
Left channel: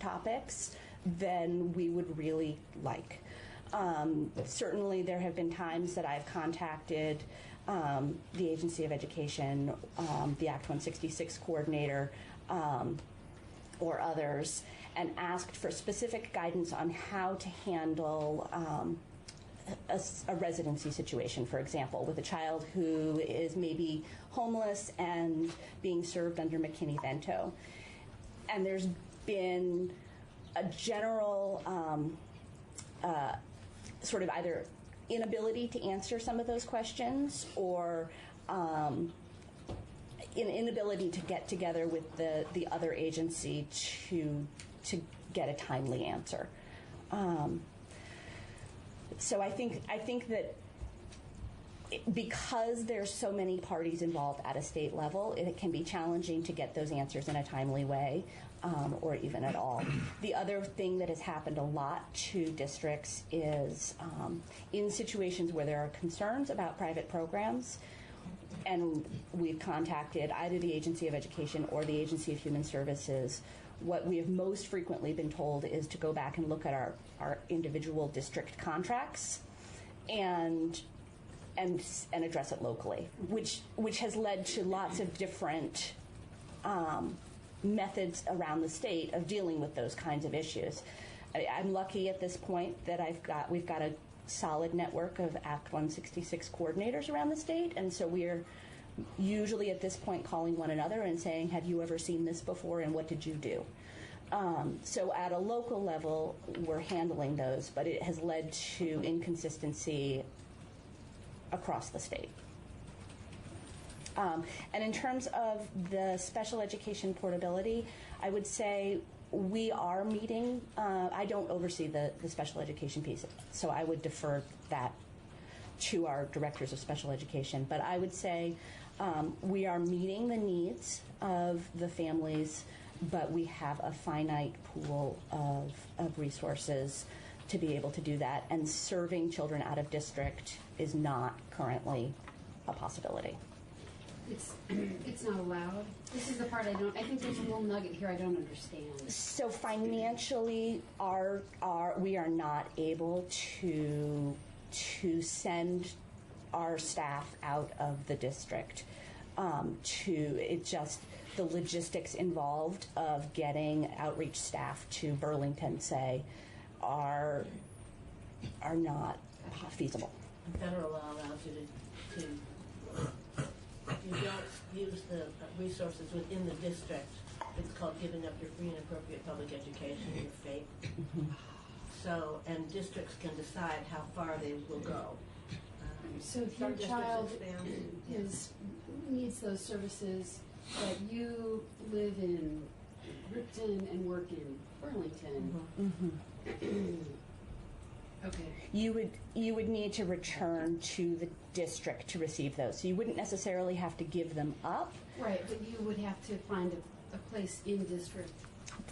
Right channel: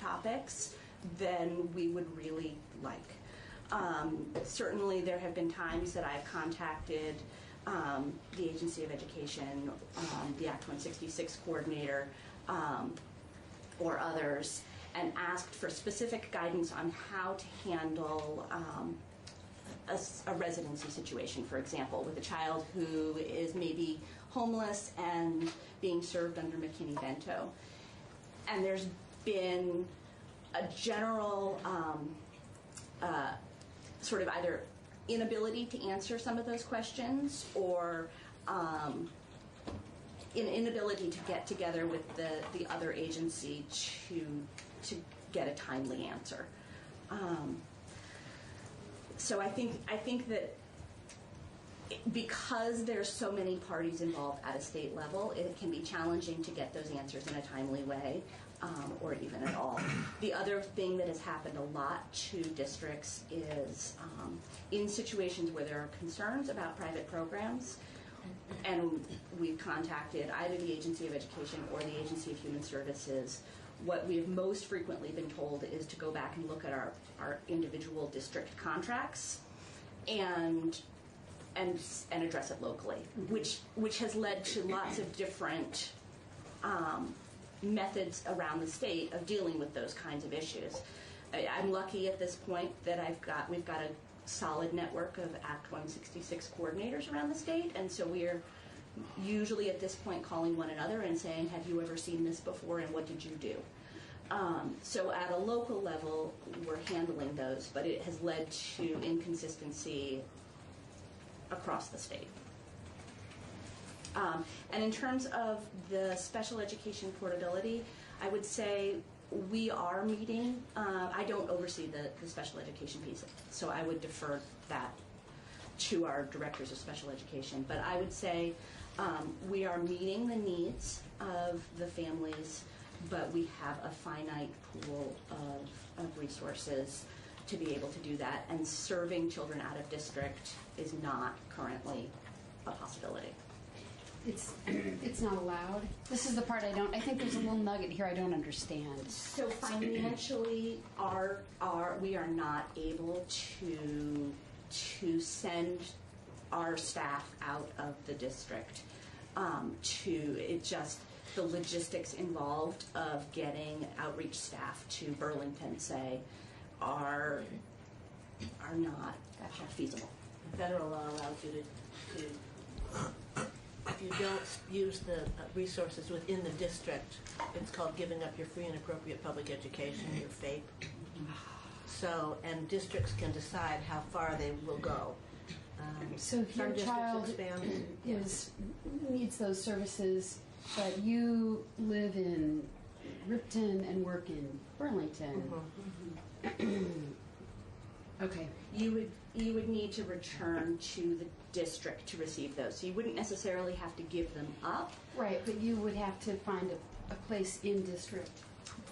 topics than we would really like. Certainly there have been times that I've contacted the Agency of Education, the Act 166 coordinator, or others, and asked for specific guidance on how to handle a residency situation, for example, with a child who is maybe homeless and being served under McKinney-Vento. And there's been a general sort of either inability to answer some of those questions or an inability to get together with the other agency to get a timely answer. So I think that because there's so many parties involved at a state level, it can be challenging to get those answers in a timely way. or even at all. The other thing that has happened a lot to districts is in situations where there are concerns about private programs, and we've contacted either the Agency of Education or the Agency of Human Services, what we have most frequently been told is to go back and look at our individual district contracts and address it locally, which has led to lots of different methods around the state of dealing with those kinds of issues. I'm lucky at this point that we've got a solid network of Act 166 coordinators around the state, and so we're usually at this point calling one another and saying, have you ever seen this before and what did you do? So at a local level, we're handling those, but it has led to inconsistency across the state. And in terms of the special education portability, I would say we are meeting. I don't oversee the special education piece, so I would defer that to our directors of special education. But I would say we are meeting the needs of the families, but we have a finite pool of resources to be able to do that. And serving children out of district is not currently a possibility. It's not allowed. This is the part I think there's a little nugget here I don't understand. So financially, we are not able to send our staff out of the district. The logistics involved of getting outreach staff to Burlington, say, are not feasible. Federal law allows you to if you don't use the resources within the district, it's called giving up your free and appropriate public education, your FAPE. So, and districts can decide how far they will go. So if your child needs those services, but you live in Ripton and work in Burlington, okay. You would need to return to the district to receive those. So you wouldn't necessarily have to give them up. Right, but you would have to find a place in district.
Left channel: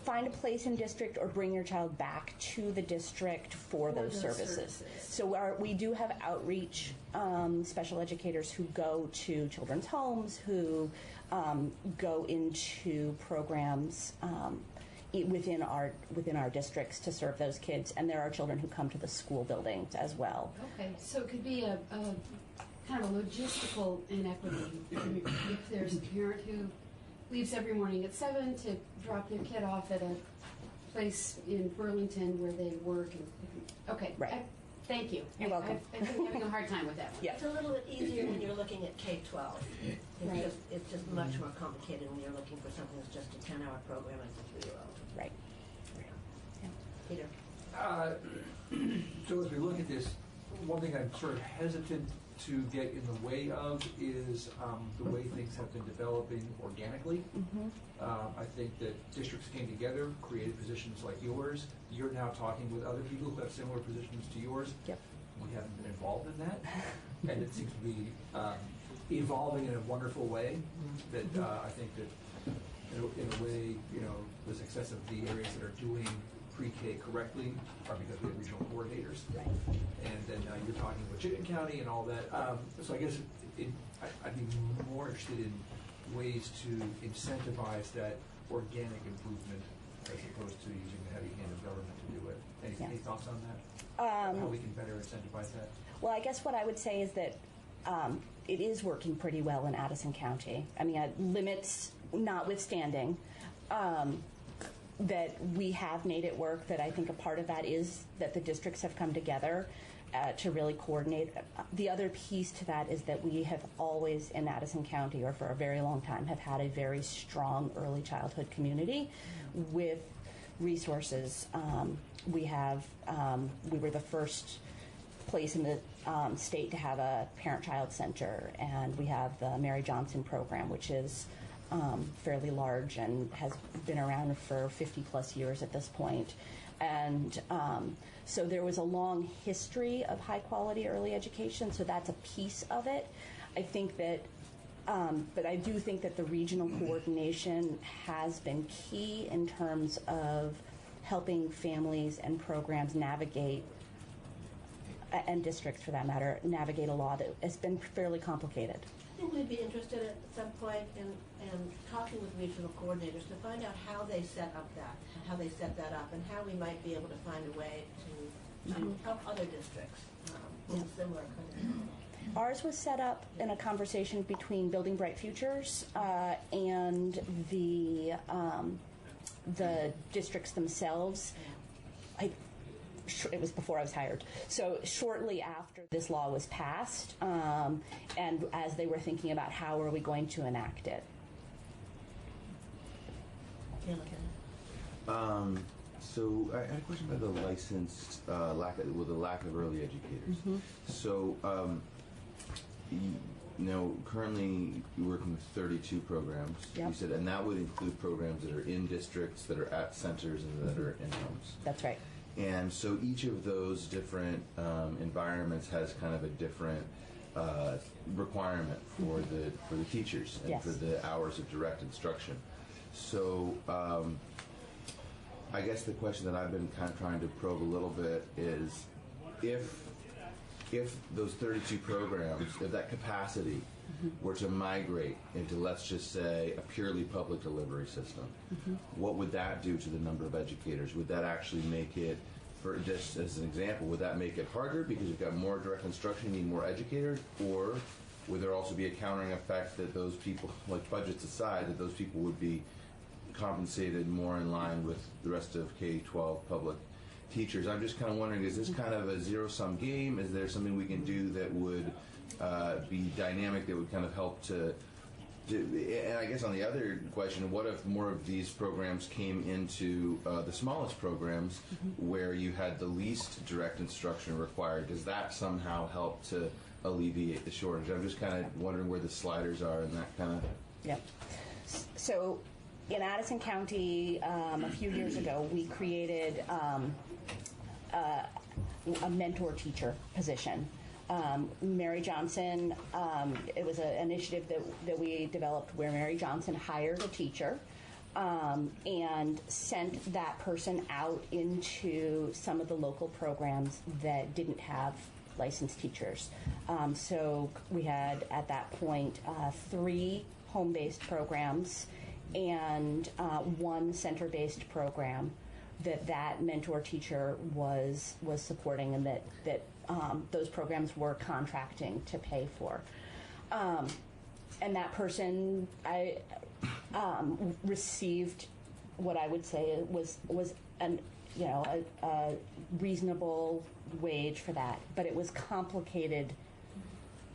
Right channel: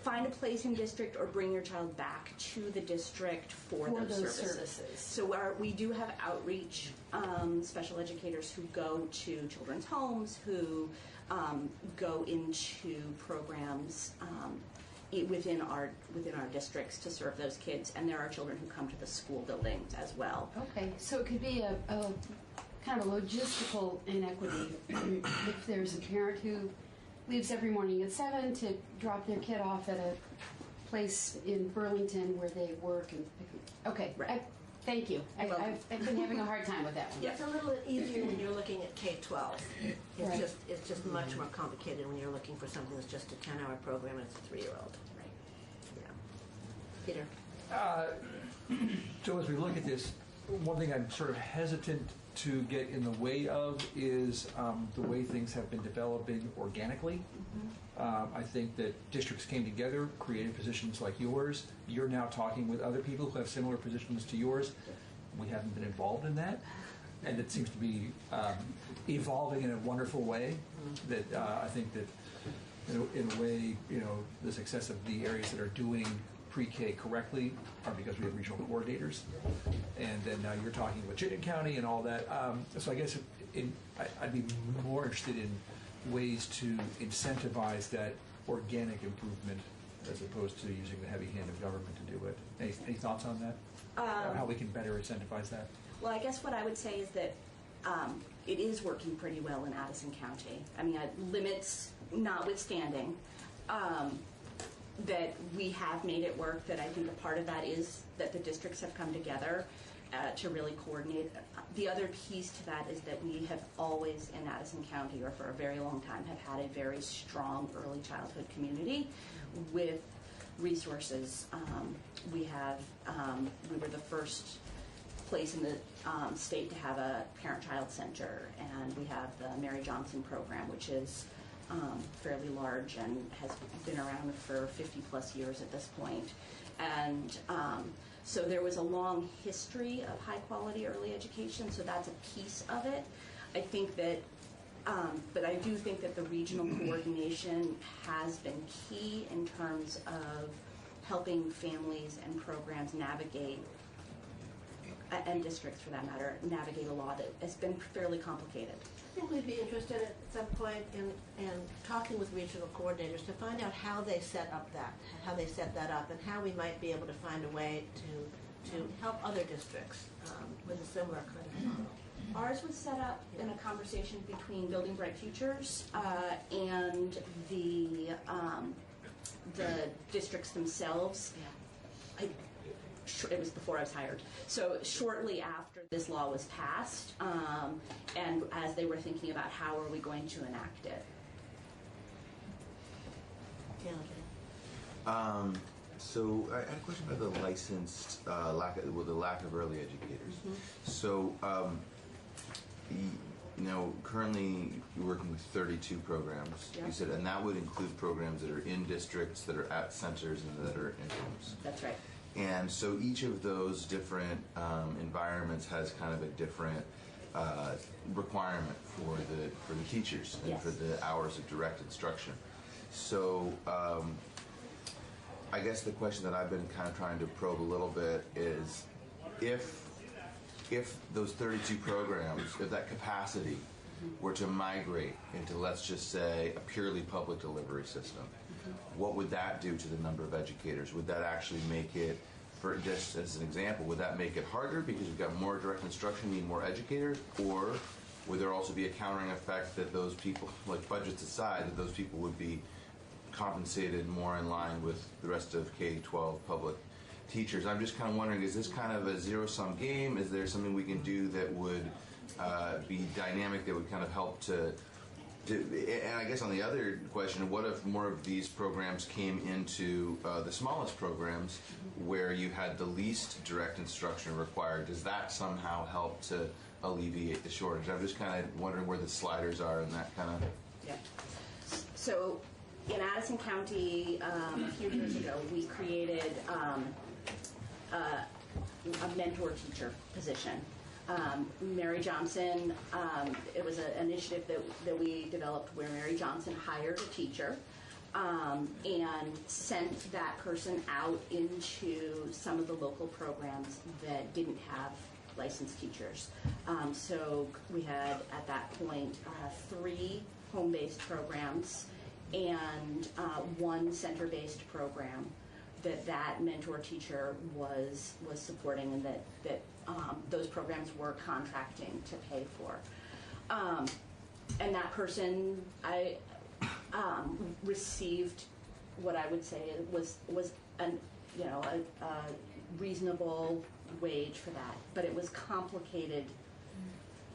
Find a place in district or bring your child back to the district for those services. So we do have outreach special educators who go to children's homes, who go into programs within our districts to serve those kids, and there are children who come to the school buildings as well. Okay, so it could be a kind of a logistical inequity if there's a parent who leaves every morning at 7 to drop their kid off at a place in Burlington where they work. Okay, right. Thank you. I've been having a hard time with that one. Yeah. It's a little bit easier when you're looking at K-12. It's just much more complicated when you're looking for something that's just a 10-hour program and it's a 3-year-old. Right. Peter. So as we look at this, one thing I'm sort of hesitant to get in the way of is the way things have been developing organically. I think that districts came together, created positions like yours. You're now talking with other people who have similar positions to yours. Yep. We haven't been involved in that, and it seems to be evolving in a wonderful way. That I think that in a way, the success of the areas that are doing pre-K correctly are because we have regional coordinators, and then now you're talking with Chittenden County and all that. So I guess I'd be more interested in ways to incentivize that organic improvement as opposed to using the heavy hand of government to do it. Any thoughts on that? How we can better incentivize that? Well, I guess what I would say is that it is working pretty well in Addison County. I mean, limits notwithstanding, that we have made it work, that I think a part of that is that the districts have come together to really coordinate. The other piece to that is that we have always in Addison County, or for a very long time, have had a very strong early childhood community with resources. We were the first place in the state to have a parent-child center, and we have the Mary Johnson program, which is fairly large and has been around for 50 plus years at this point. And so there was a long history of high quality early education, so that's a piece of it. I think that But I do think that the regional coordination has been key in terms of helping families and programs navigate, and districts for that matter, navigate a lot. It's been fairly complicated. I think we'd be interested at some point in talking with regional coordinators to find out how they set that up, and how we might be able to find a way to help other districts with a similar kind of model. Ours was set up in a conversation between Building Bright Futures and the districts themselves. It was before I was hired. So shortly after this law was passed, and as they were thinking about how are we going to enact it. So I had a question about the licensed the lack of early educators. So currently you're working with 32 programs. Yep. You said, and that would include programs that are in districts, that are at centers, and that are in homes. That's right. And so each of those different environments has kind of a different requirement for the teachers and Yes. for the hours of direct instruction. So I guess the question that I've been kind of trying to probe a little bit is if those 32 programs, if that capacity were to migrate into, let's just say, a purely public delivery system, what would that do to the number of educators? Would that actually make it, for just as an example, would that make it harder because you've got more direct instruction, you need more educators? Or would there also be a countering effect that those people, like budgets aside, that those people would be compensated more in line with the rest of K-12 public teachers? I'm just kind of wondering, is this kind of a zero-sum game? Is there something we can do that would be dynamic, that would kind of help to, and I guess on the other question, what if more of these programs came into the smallest programs where you had the least direct instruction required? Does that somehow help to alleviate the shortage? I'm just kind of wondering where the sliders are in that kind of... Yeah. So in Addison County, a few years ago, we created a mentor teacher position. Mary Johnson, it was an initiative that we developed where Mary Johnson hired a teacher and sent that person out into some of the local programs that didn't have licensed teachers. So we had, at that point, 3 home-based programs and 1 center-based program that mentor teacher was supporting, and that those programs were contracting to pay for. And that person, I received what I would say was a reasonable wage for that, but it was complicated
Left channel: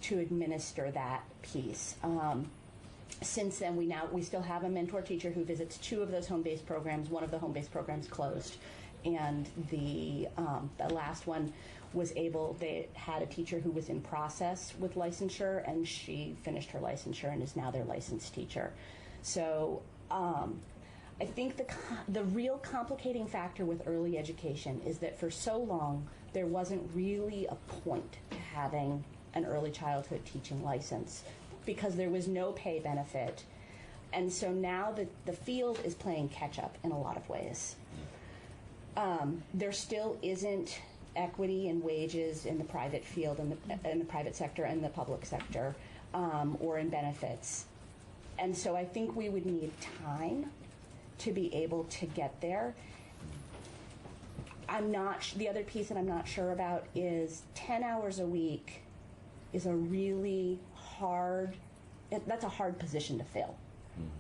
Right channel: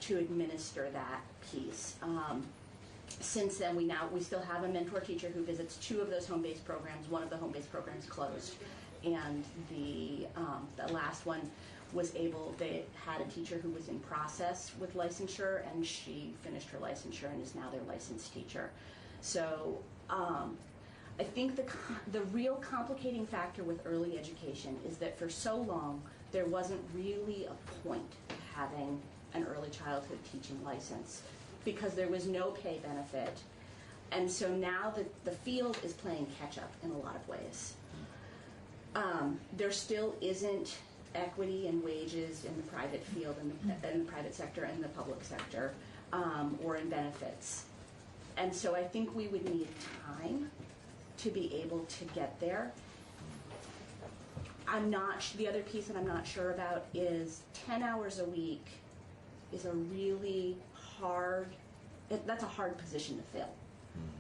to administer that piece. Since then, we still have a mentor teacher who visits 2 of those home-based programs. One of the home-based programs closed, and the last one they had a teacher who was in process with licensure, and she finished her licensure and is now their licensed teacher. So I think the real complicating factor with early education is that for so long there wasn't really a point to having an early childhood teaching license, because there was no pay benefit. And so now the field is playing catch up in a lot of ways. There still isn't equity in wages in the private field, in the private sector and the public sector, or in benefits. And so I think we would need time to be able to get there. The other piece that I'm not sure about is 10 hours a week is a really that's a hard position to fill,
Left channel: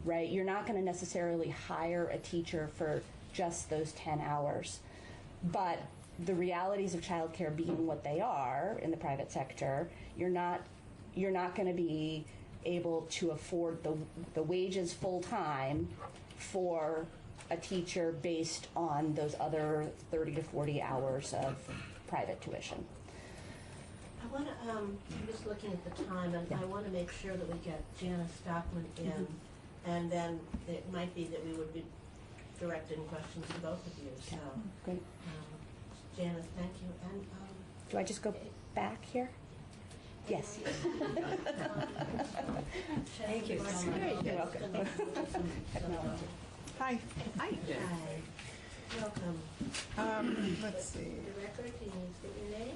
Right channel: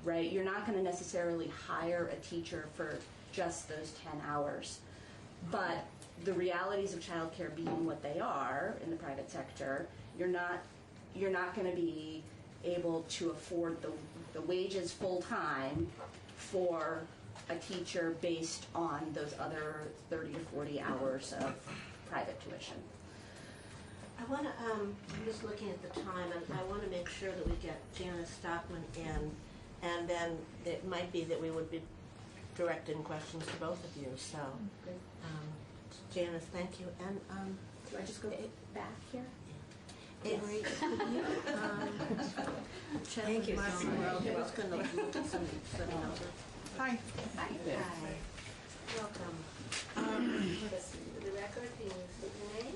right? You're not going to necessarily hire a teacher for just those 10 hours. But the realities of childcare being what they are in the private sector, you're not going to be able to afford the wages full-time for a teacher based on those other 30 to 40 hours of private tuition. I want to, I'm just looking at the time, and I want to make sure that we get Janice Stockman in, and then it might be that we would be directing questions to both of you. So, Janice, thank you. And do I just go back here? Yes. Thank you so much. You're welcome. Hi. Hi. Welcome. Let's see. For the record, is your name?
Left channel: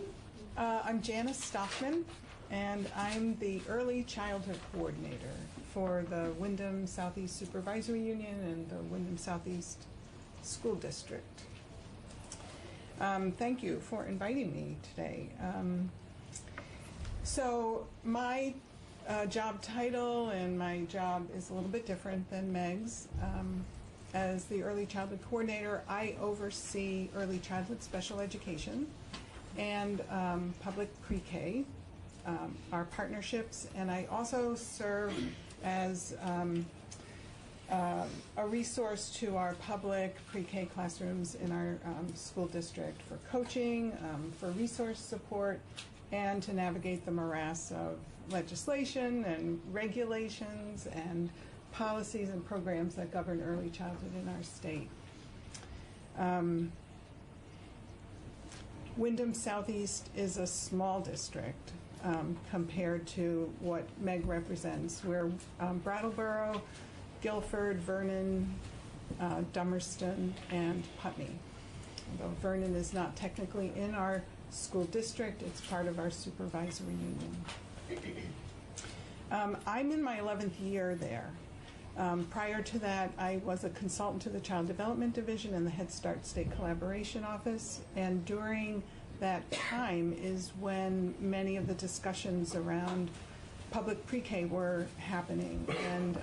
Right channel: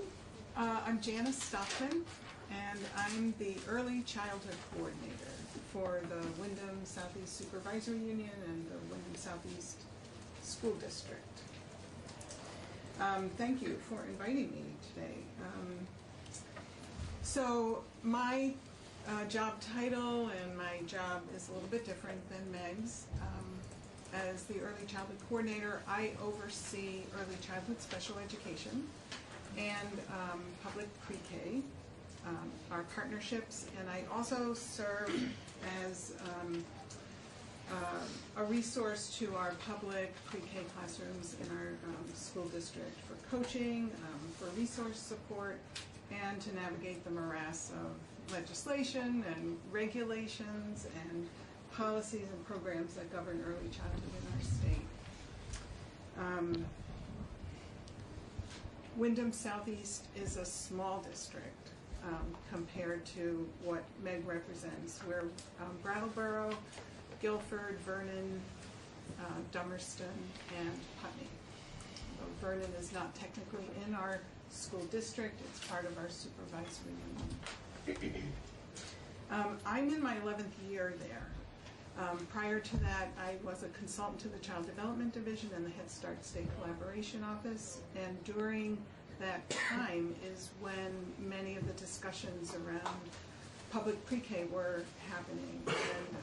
I'm Janice Stockton, and I'm the Early Childhood Coordinator for the Wyndham Southeast Supervisory Union and the Wyndham Southeast School District. Thank you for inviting me today. So my job title and my job is a little bit different than Meg's. As the Early Childhood Coordinator, I oversee early childhood special education and public pre-K, our partnerships, and I also serve as a resource to our public pre-K classrooms in our school district for coaching, for resource support, and to navigate the morass of legislation and regulations and policies and programs that govern early childhood in our state. Wyndham Southeast is a small district compared to what Meg represents. We're Brattleboro, Guilford, Vernon, Dummerston, and Putney. Although Vernon is not technically in our school district, it's part of our supervisory union. I'm in my 11th year there. Prior to that, I was a consultant to the Child Development Division in the Head Start State Collaboration Office, and during that time is when many of the discussions around public pre-K were happening, and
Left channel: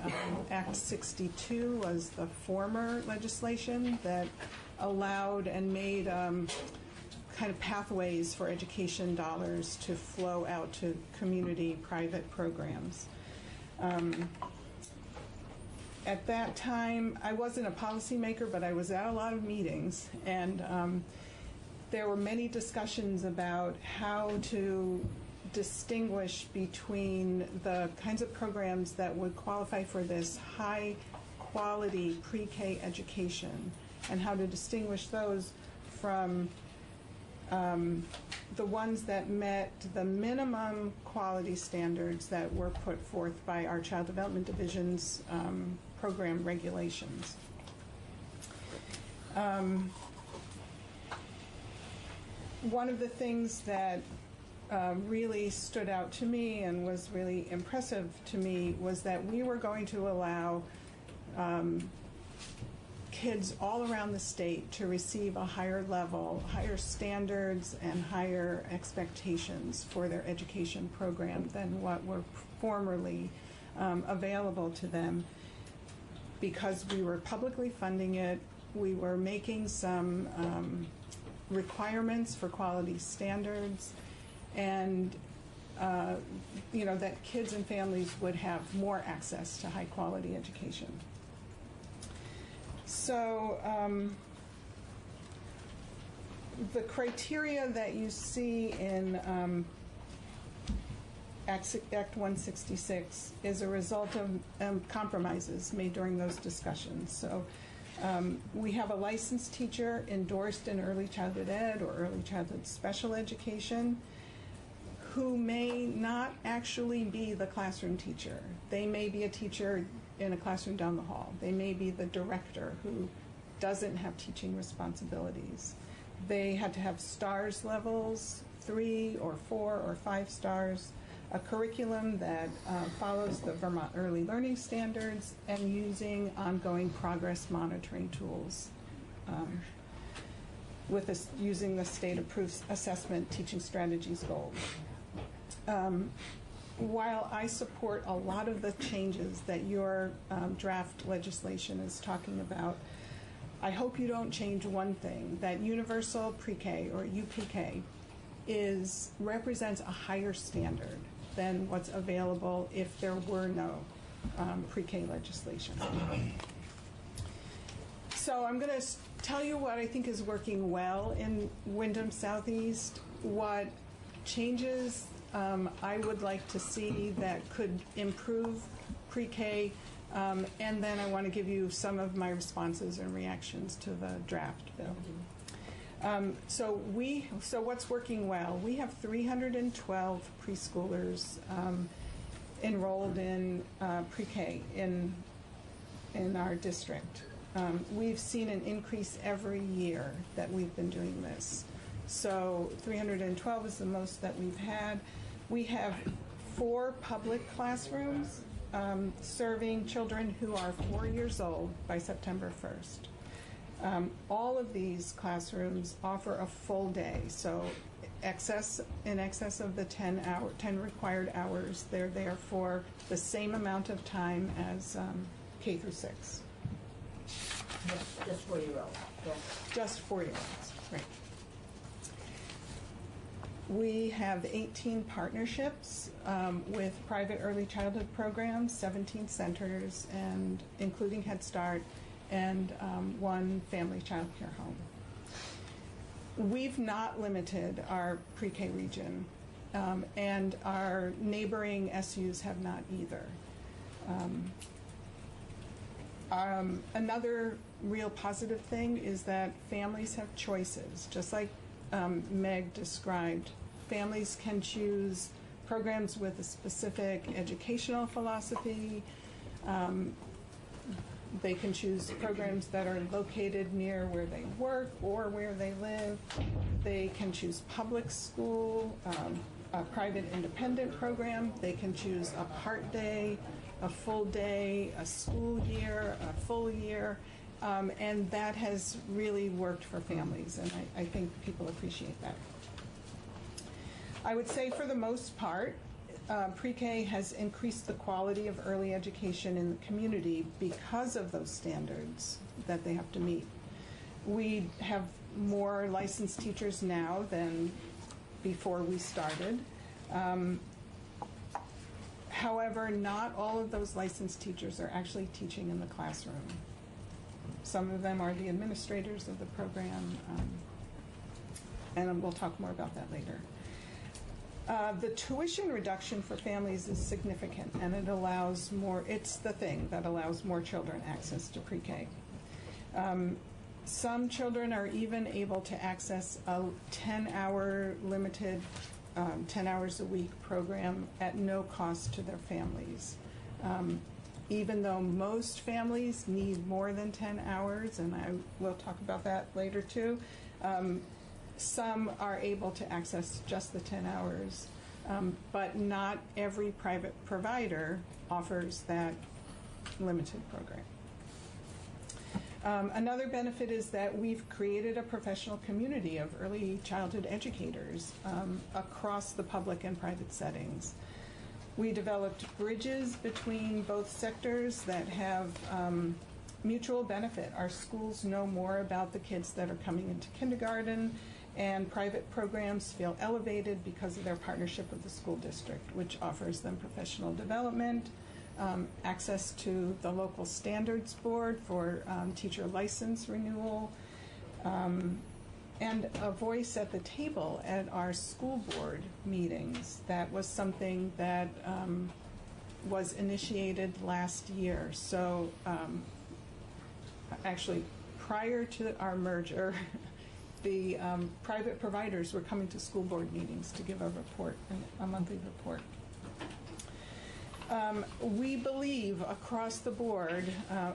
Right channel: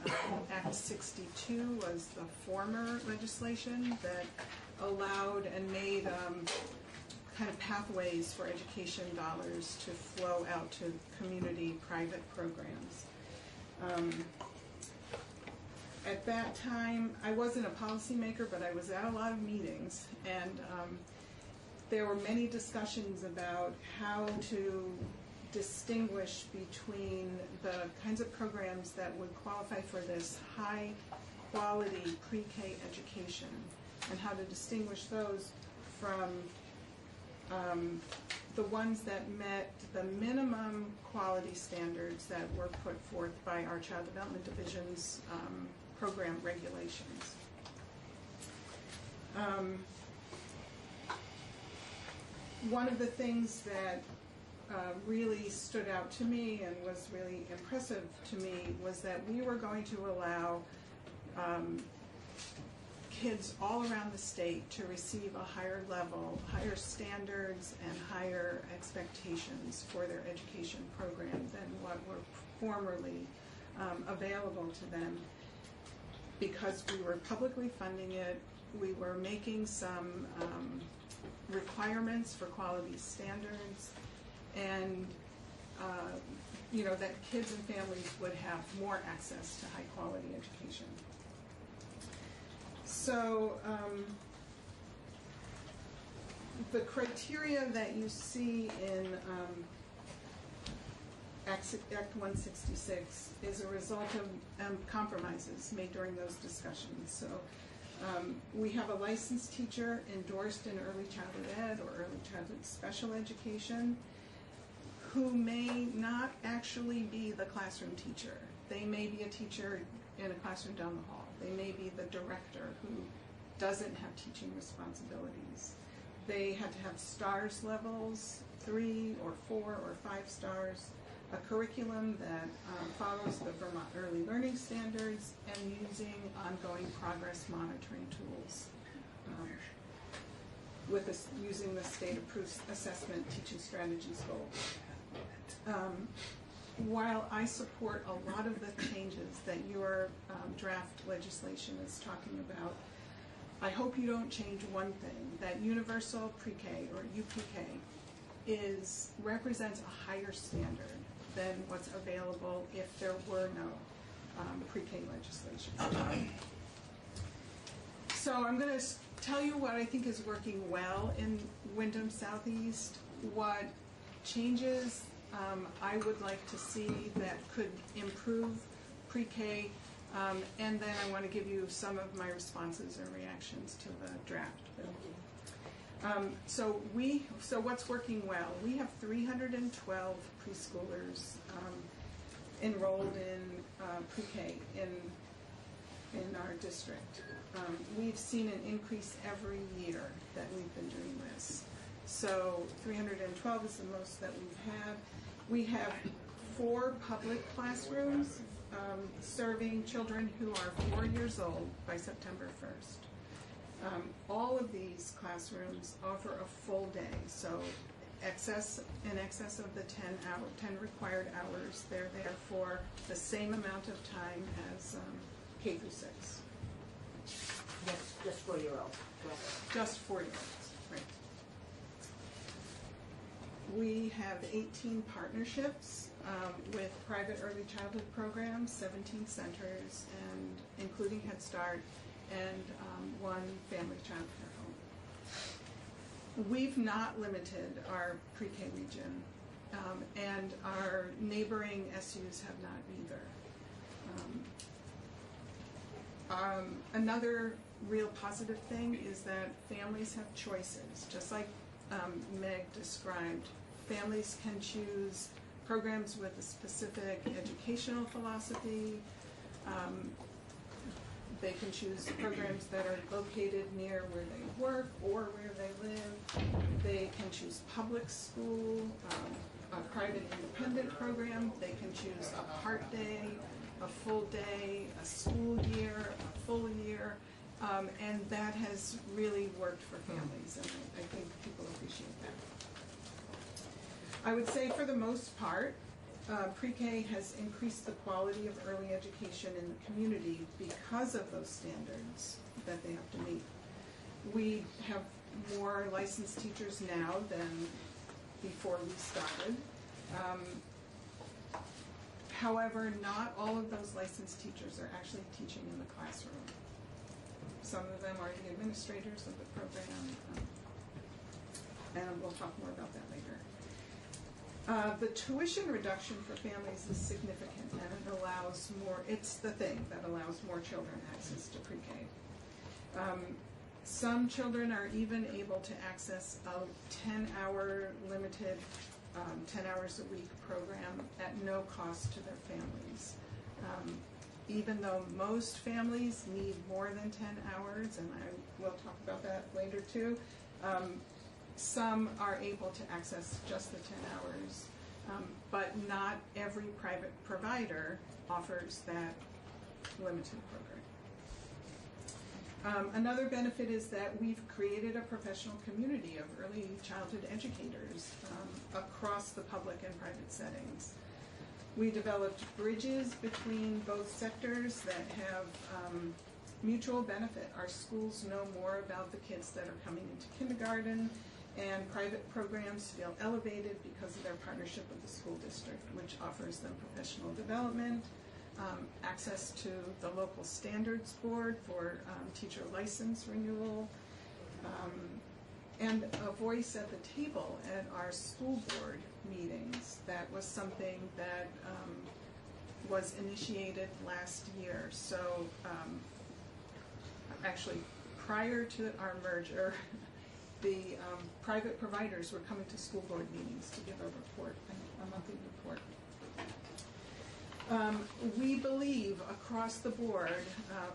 Act 62 was the former legislation that allowed and made kind of pathways for education dollars to flow out to community private programs. At that time, I wasn't a policymaker, but I was at a lot of meetings, and there were many discussions about how to distinguish between the kinds of programs that would qualify for this high quality pre-K education and how to distinguish those from the ones that met the minimum quality standards that were put forth by our Child Development Division's program regulations. One of the things that really stood out to me and was really impressive to me was that we were going to allow kids all around the state to receive a higher level, higher standards, and higher expectations for their education program than what were formerly available to them. Because we were publicly funding it, we were making some requirements for quality standards, and that kids and families would have more access to high quality education. So the criteria that you see in Act 166 is a result of compromises made during those discussions. So we have a licensed teacher endorsed in early childhood ed or early childhood special education who may not actually be the classroom teacher. They may be a teacher in a classroom down the hall. They may be the director who doesn't have teaching responsibilities. They had to have STARS levels, 3 or 4 or 5 stars, a curriculum that follows the Vermont Early Learning Standards, and using ongoing progress monitoring tools using the state-approved assessment teaching strategies goals. While I support a lot of the changes that your draft legislation is talking about, I hope you don't change one thing, that universal pre-K or UPK represents a higher standard than what's available if there were no pre-K legislation. So I'm going to tell you what I think is working well in Wyndham Southeast, what changes I would like to see that could improve pre-K, and then I want to give you some of my responses and reactions to the draft bill. So what's working well? We have 312 preschoolers enrolled in pre-K in our district. We've seen an increase every year that we've been doing this. So 312 is the most that we've had. We have 4 public classrooms serving children who are 4 years old by September 1st. All of these classrooms offer a full day, so in excess of the 10 required hours. They're there for the same amount of time as K through 6. Yes, just 4-year-olds. Yeah. Just 4-year-olds, right. We have 18 partnerships with private early childhood programs, 17 centers, and including Head Start, and 1 family child care home. We've not limited our pre-K region, and our neighboring SUs have not either. Another real positive thing is that families have choices. Just like Meg described, families can choose programs with a specific educational philosophy. They can choose programs that are located near where they work or where they live. They can choose public school, a private independent program. They can choose a part day, a full day, a school year, a full year. And that has really worked for families, and I think people appreciate that. I would say for the most part, pre-K has increased the quality of early education in the community because of those standards that they have to meet. We have more licensed teachers now than before we started. However, not all of those licensed teachers are actually teaching in the classroom. Some of them are the administrators of the program, and we'll talk more about that later. The tuition reduction for families is significant, and it allows more, it's the thing that allows more children access to pre-K. Some children are even able to access a 10-hour limited, 10 hours a week program at no cost to their families. Even though most families need more than 10 hours, and I will talk about that later too, some are able to access just the 10 hours, but not every private provider offers that limited program. Another benefit is that we've created a professional community of early childhood educators across the public and private settings. We developed bridges between both sectors that have mutual benefit. Our schools know more about the kids that are coming into kindergarten, and private programs feel elevated because of their partnership with the school district, which offers them professional development, access to the local standards board for teacher license renewal, and a voice at the table at our school board meetings. That was something that was initiated last year. So actually, prior to our merger, the private providers were coming to school board meetings to give a report, a monthly report. We believe across the board,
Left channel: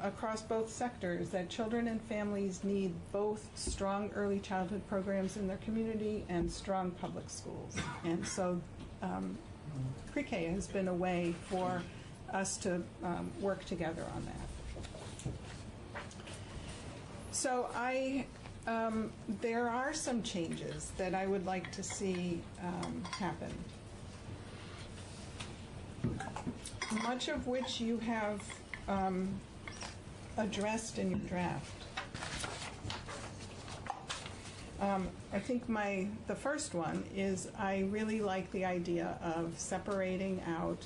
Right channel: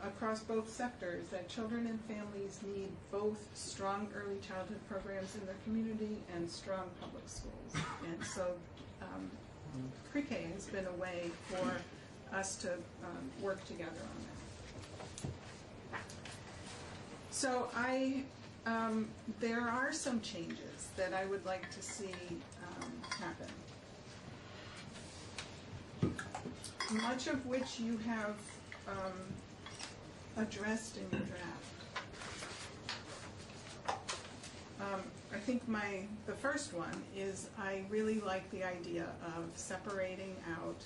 across both sectors, that children and families need both strong early childhood programs in their community and strong public schools. And so pre-K has been a way for us to work together on that. So there are some changes that I would like to see happen, much of which you have addressed in your draft. I think the first one is I really like the idea of separating out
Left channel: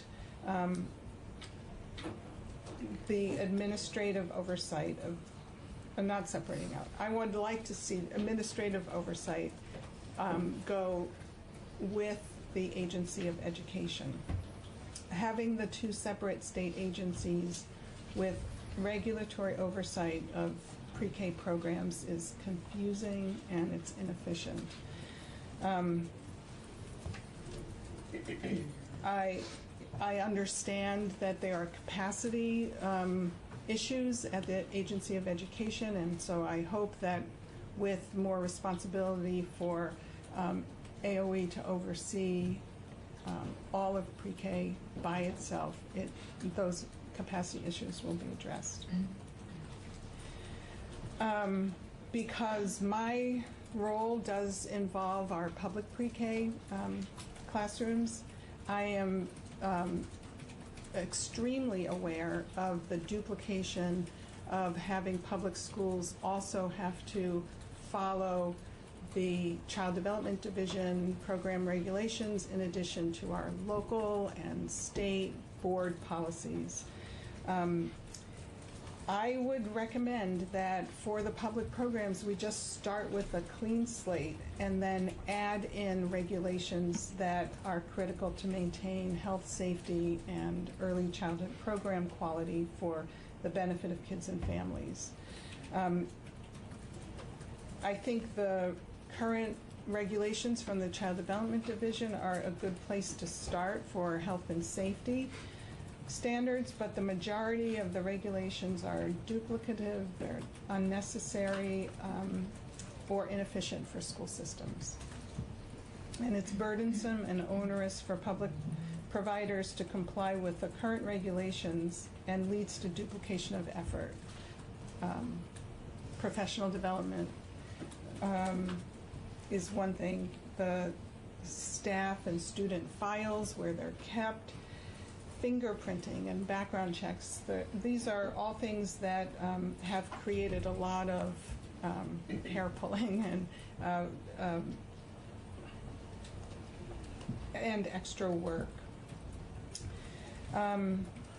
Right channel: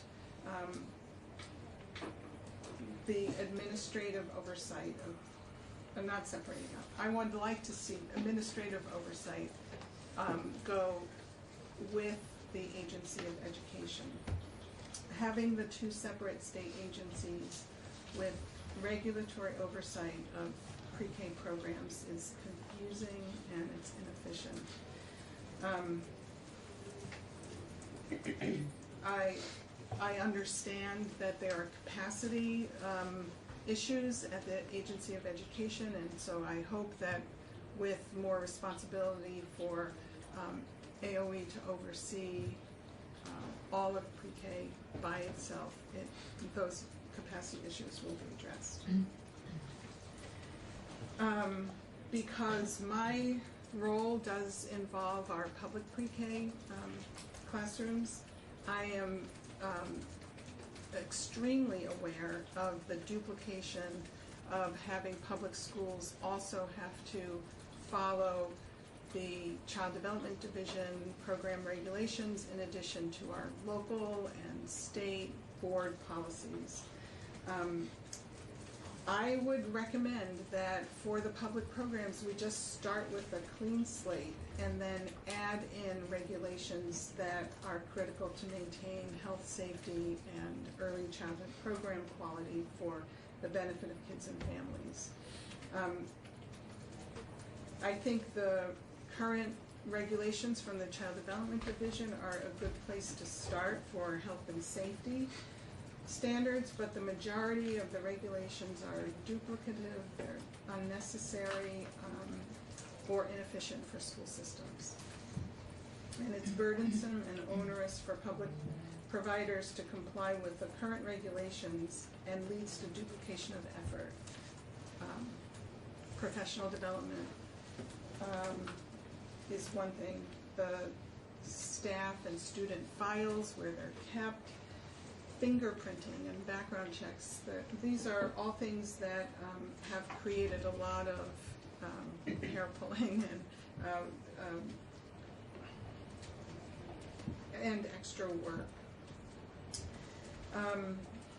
the administrative oversight of, not separating out. I would like to see administrative oversight go with the Agency of Education. Having the 2 separate state agencies with regulatory oversight of pre-K programs is confusing and it's inefficient. I understand that there are capacity issues at the Agency of Education, and so I hope that with more responsibility for AOE to oversee all of pre-K by itself, those capacity issues will be addressed. Because my role does involve our public pre-K classrooms, I am extremely aware of the duplication of having public schools also have to follow the Child Development Division program regulations in addition to our local and state board policies. I would recommend that for the public programs, we just start with a clean slate and then add in regulations that are critical to maintain health, safety, and early childhood program quality for the benefit of kids and families. I think the current regulations from the Child Development Division are a good place to start for health and safety standards, but the majority of the regulations are duplicative, they're unnecessary, or inefficient for school systems. And it's burdensome and onerous for public providers to comply with the current regulations and leads to duplication of effort. Professional development is one thing. The staff and student files, where they're kept, fingerprinting and background checks, these are all things that have created a lot of hair pulling and extra work.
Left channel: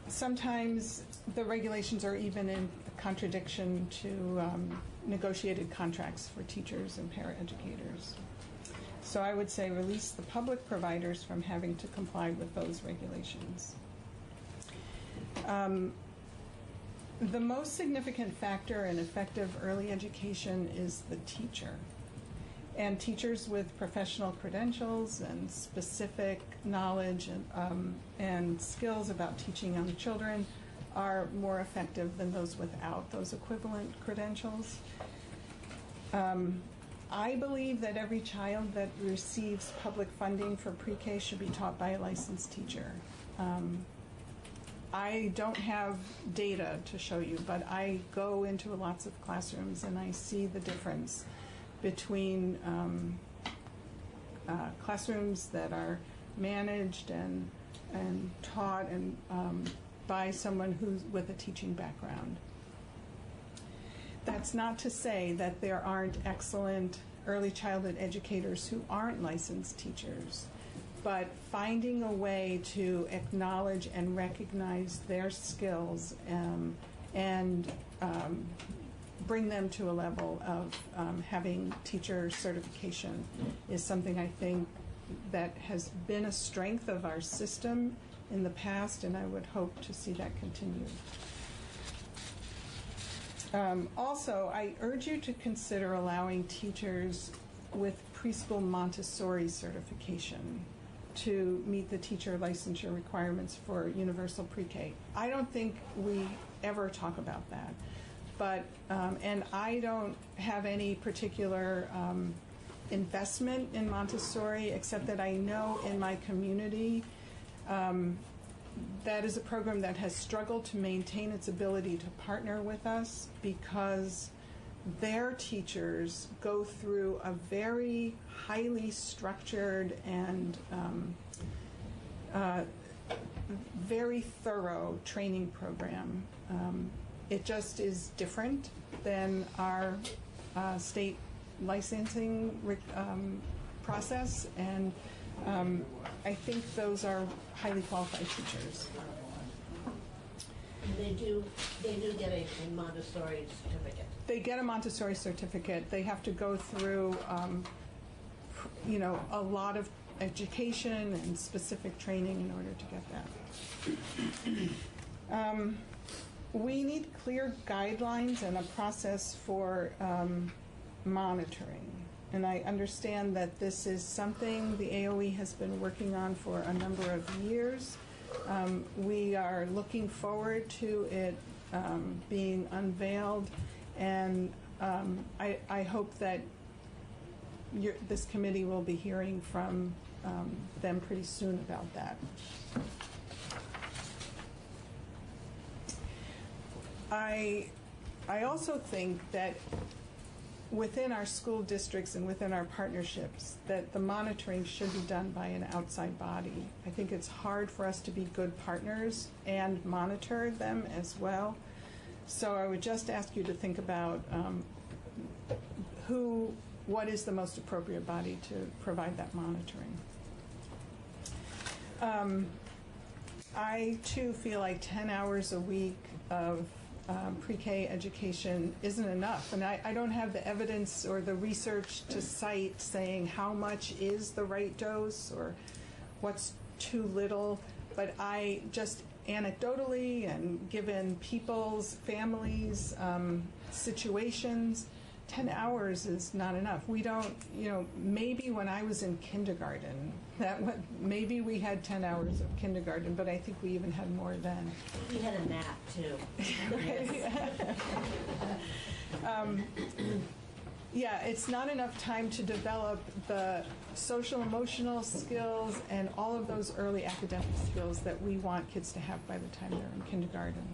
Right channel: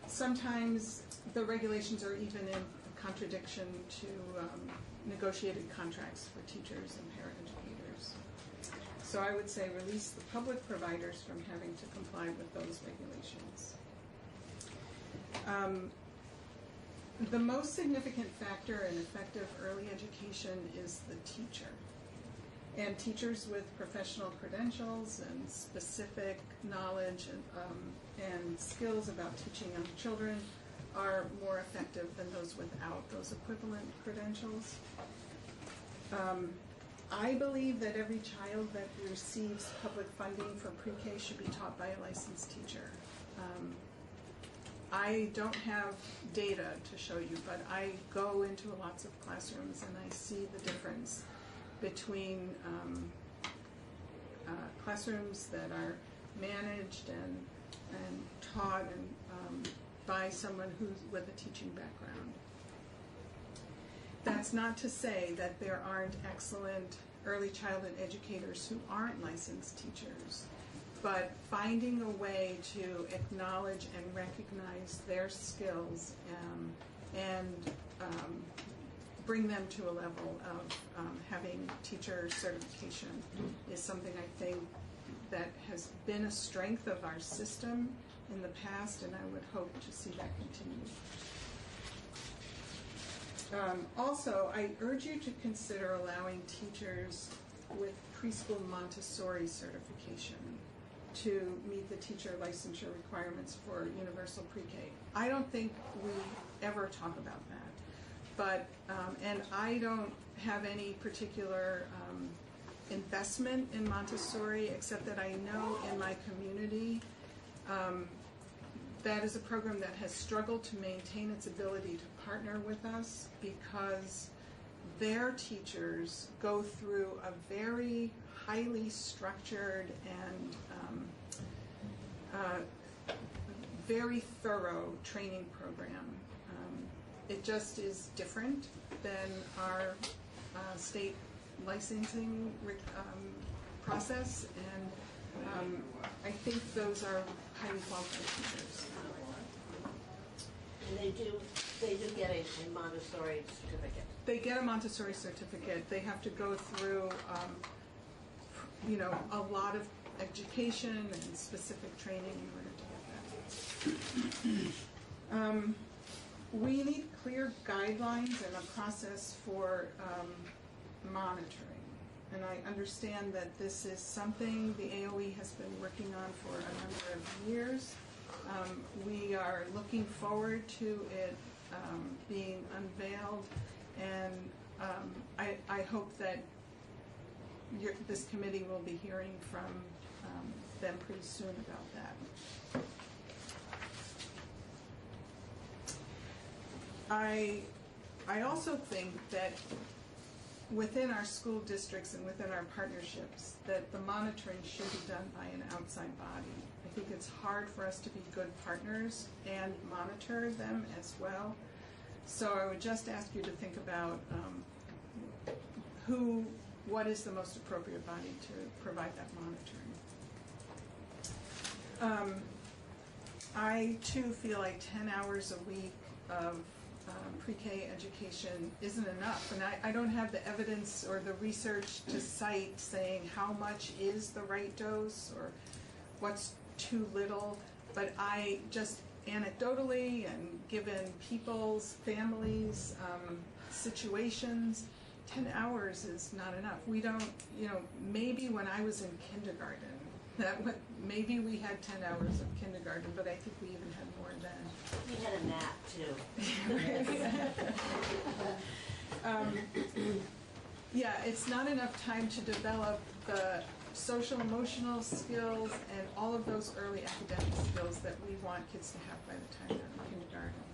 Sometimes the regulations are even in contradiction to negotiated contracts for teachers and paraeducators. So I would say release the public providers from having to comply with those regulations. The most significant factor in effective early education is the teacher. And teachers with professional credentials and specific knowledge and skills about teaching young children are more effective than those without those equivalent credentials. I believe that every child that receives public funding for pre-K should be taught by a licensed teacher. I don't have data to show you, but I go into lots of classrooms and I see the difference between classrooms that are managed and taught and by someone who's with a teaching background. That's not to say that there aren't excellent early childhood educators who aren't licensed teachers, but finding a way to acknowledge and recognize their skills and bring them to a level of having teacher certification is something I think that has been a strength of our system in the past, and I would hope to see that continue. Also, I urge you to consider allowing teachers with preschool Montessori certification to meet the teacher licensure requirements for universal pre-K. I don't think we ever talk about that, but and I don't have any particular investment in Montessori, except that I know in my community that is a program that has struggled to maintain its ability to partner with us because their teachers go through a very highly structured and very thorough training program. It just is different than our state licensing process, and I think those are highly qualified teachers. And they do get a Montessori certificate. They get a Montessori certificate. They have to go through, a lot of education and specific training in order to get that. We need clear guidelines and a process for monitoring. And I understand that this is something the AOE has been working on for a number of years. We are looking forward to it being unveiled, and I hope that this committee will be hearing from them pretty soon about that. I also think that within our school districts and within our partnerships, that the monitoring should be done by an outside body. I think it's hard for us to be good partners and monitor them as well. So I would just ask you to think about what is the most appropriate body to provide that monitoring. I too feel like 10 hours a week of pre-K education isn't enough, and I don't have the evidence or the research to cite saying how much is the right dose or what's too little, but I just anecdotally and given people's families situations, 10 hours is not enough. We don't, maybe when I was in kindergarten, maybe we had 10 hours of kindergarten, but I think we even had more then. We had a nap too. Yeah, it's not enough time to develop the social emotional skills and all of those early academic skills that we want kids to have by the time they're in kindergarten.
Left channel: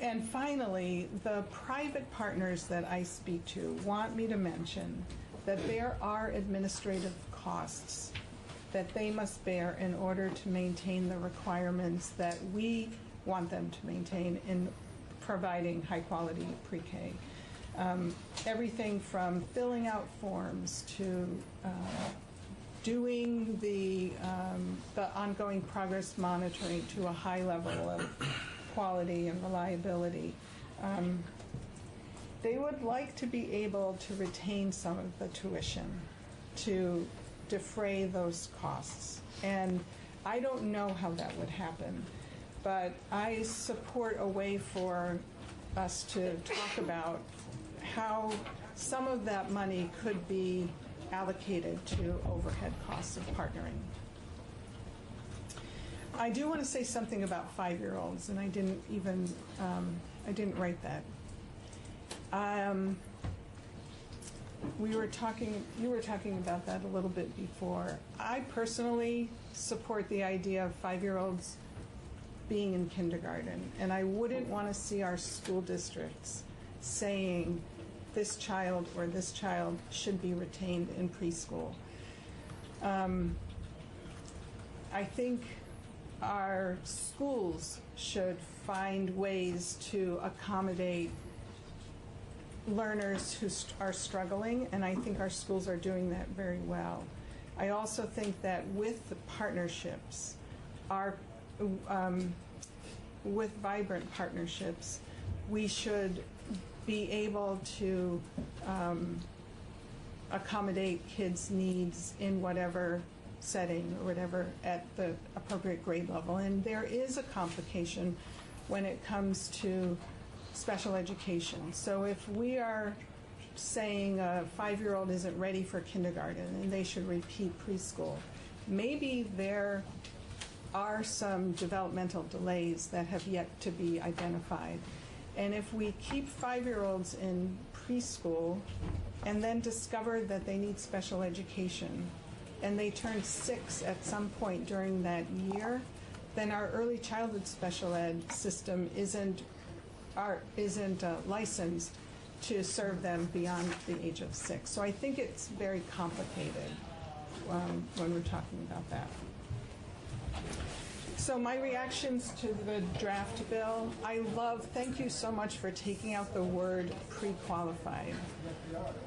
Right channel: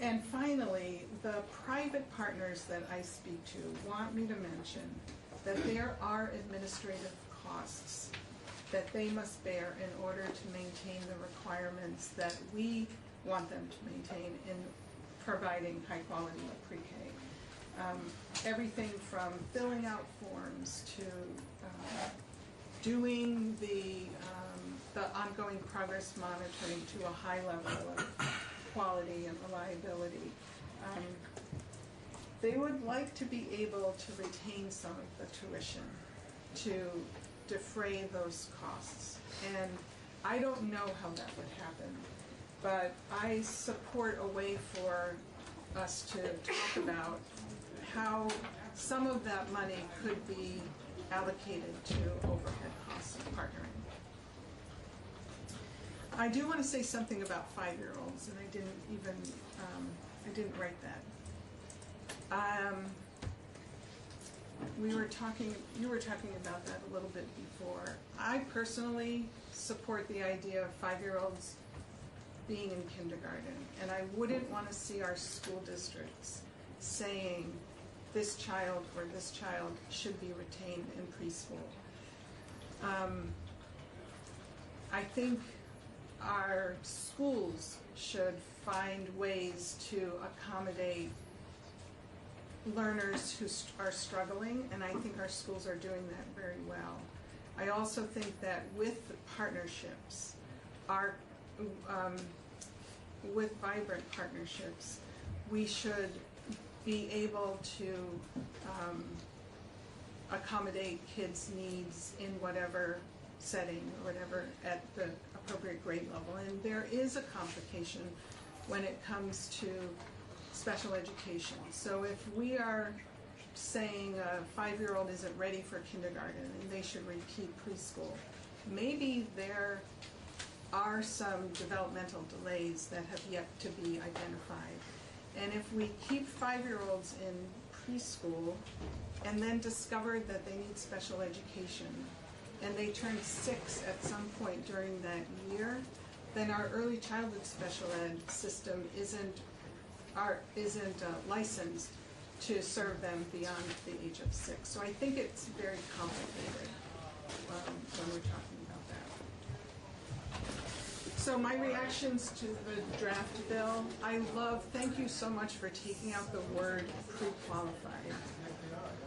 And finally, the private partners that I speak to want me to mention that there are administrative costs that they must bear in order to maintain the requirements that we want them to maintain in providing high-quality pre-K. Everything from filling out forms to doing the ongoing progress monitoring to a high level of quality and reliability. They would like to be able to retain some of the tuition to defray those costs. And I don't know how that would happen, but I support a way for us to talk about how some of that money could be allocated to overhead costs of partnering. I do want to say something about 5-year-olds, and I didn't write that. You were talking about that a little bit before. I personally support the idea of 5-year-olds being in kindergarten, and I wouldn't want to see our school districts saying this child or this child should be retained in preschool. I think our schools should find ways to accommodate learners who are struggling, and I think our schools are doing that very well. I also think that with the partnerships, with vibrant partnerships, we should be able to accommodate kids' needs in whatever setting or whatever at the appropriate grade level. And there is a complication when it comes to special education. So if we are saying a 5-year-old isn't ready for kindergarten and they should repeat preschool, maybe there are some developmental delays that have yet to be identified. And if we keep 5-year-olds in preschool and then discover that they need special education and they turn 6 at some point during that year, then our early childhood special ed system isn't licensed to serve them beyond the age of 6. So I think it's very complicated when we're talking about that. So my reactions to the draft bill, thank you so much for taking out the word pre-qualified.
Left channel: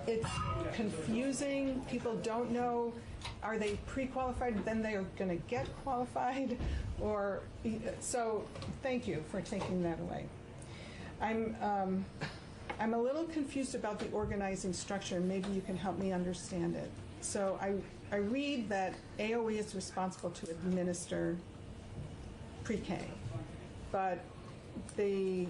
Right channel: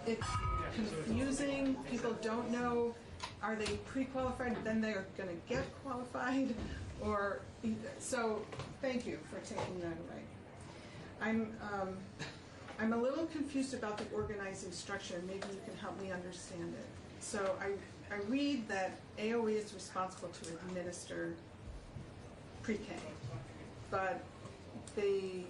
It's confusing. People don't know, are they pre-qualified and then they're going to get qualified? So thank you for taking that away. I'm a little confused about the organizing structure, and maybe you can help me understand it. So I read that AOE is responsible to administer pre-K, but the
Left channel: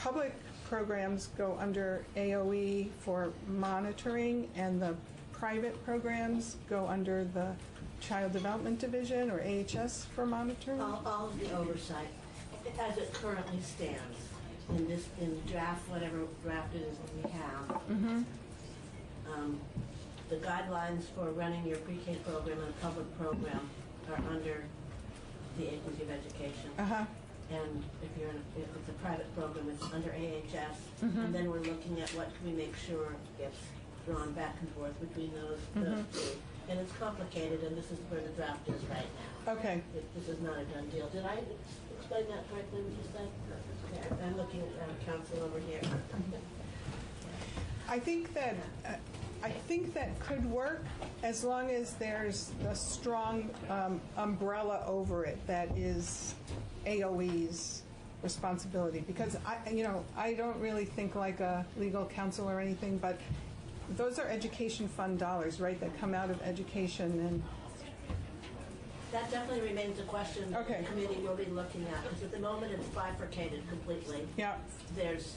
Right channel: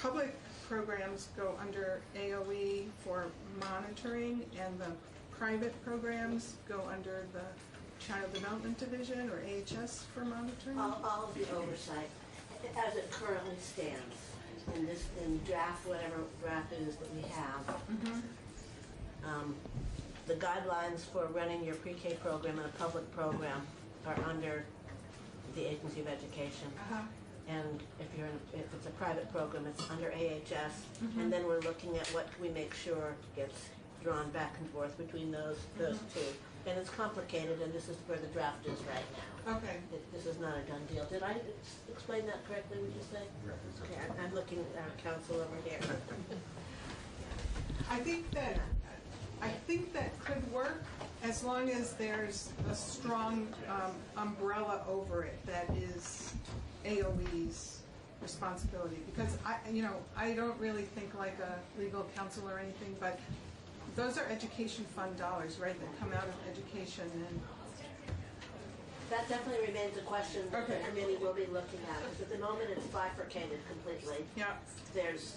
public programs go under AOE for monitoring, and the private programs go under the Child Development Division, or AHS, for monitoring? All of the oversight, as it currently stands, in draft, whatever draft it is that we have. The guidelines for running your pre-K program and a public program are under the Agency of Education. And if it's a private program, it's under AHS. And then we're looking at what can we make sure gets drawn back and forth between those two. And it's complicated, and this is where the draft is right now. Okay. This is not a done deal. Did I explain that correctly, would you say? Okay, I'm looking at our council over here. I think that could work as long as there's a strong umbrella over it that is AOE's responsibility. Because I don't really think like a legal counsel or anything, but those are education fund dollars, right, that come out of education. And that definitely remains a question that the committee will be looking at, because at the moment it's bifurcated completely. Yeah. There's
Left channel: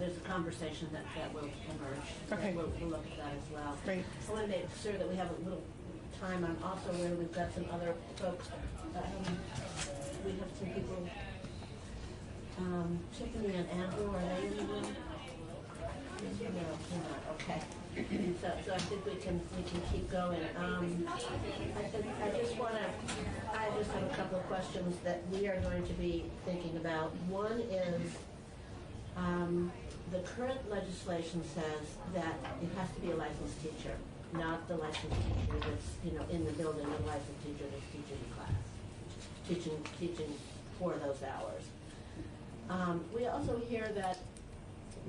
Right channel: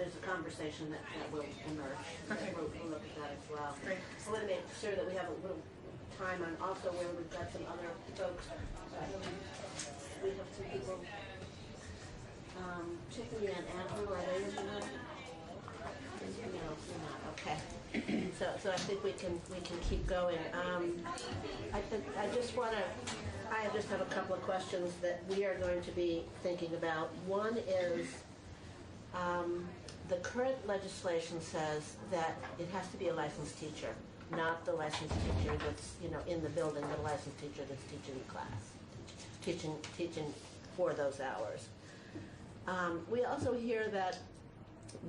a conversation that will emerge. Okay. We'll look at that as well. Great. I want to make sure that we have a little time on also where we've got some other folks. We have some people checking in. Andrew, are they in? No, not. Okay. So I think we can keep going. I just have a couple of questions that we are going to be thinking about. One is the current legislation says that it has to be a licensed teacher, not the licensed teacher that's in the building, the licensed teacher that's teaching in class, teaching for those hours. We also hear that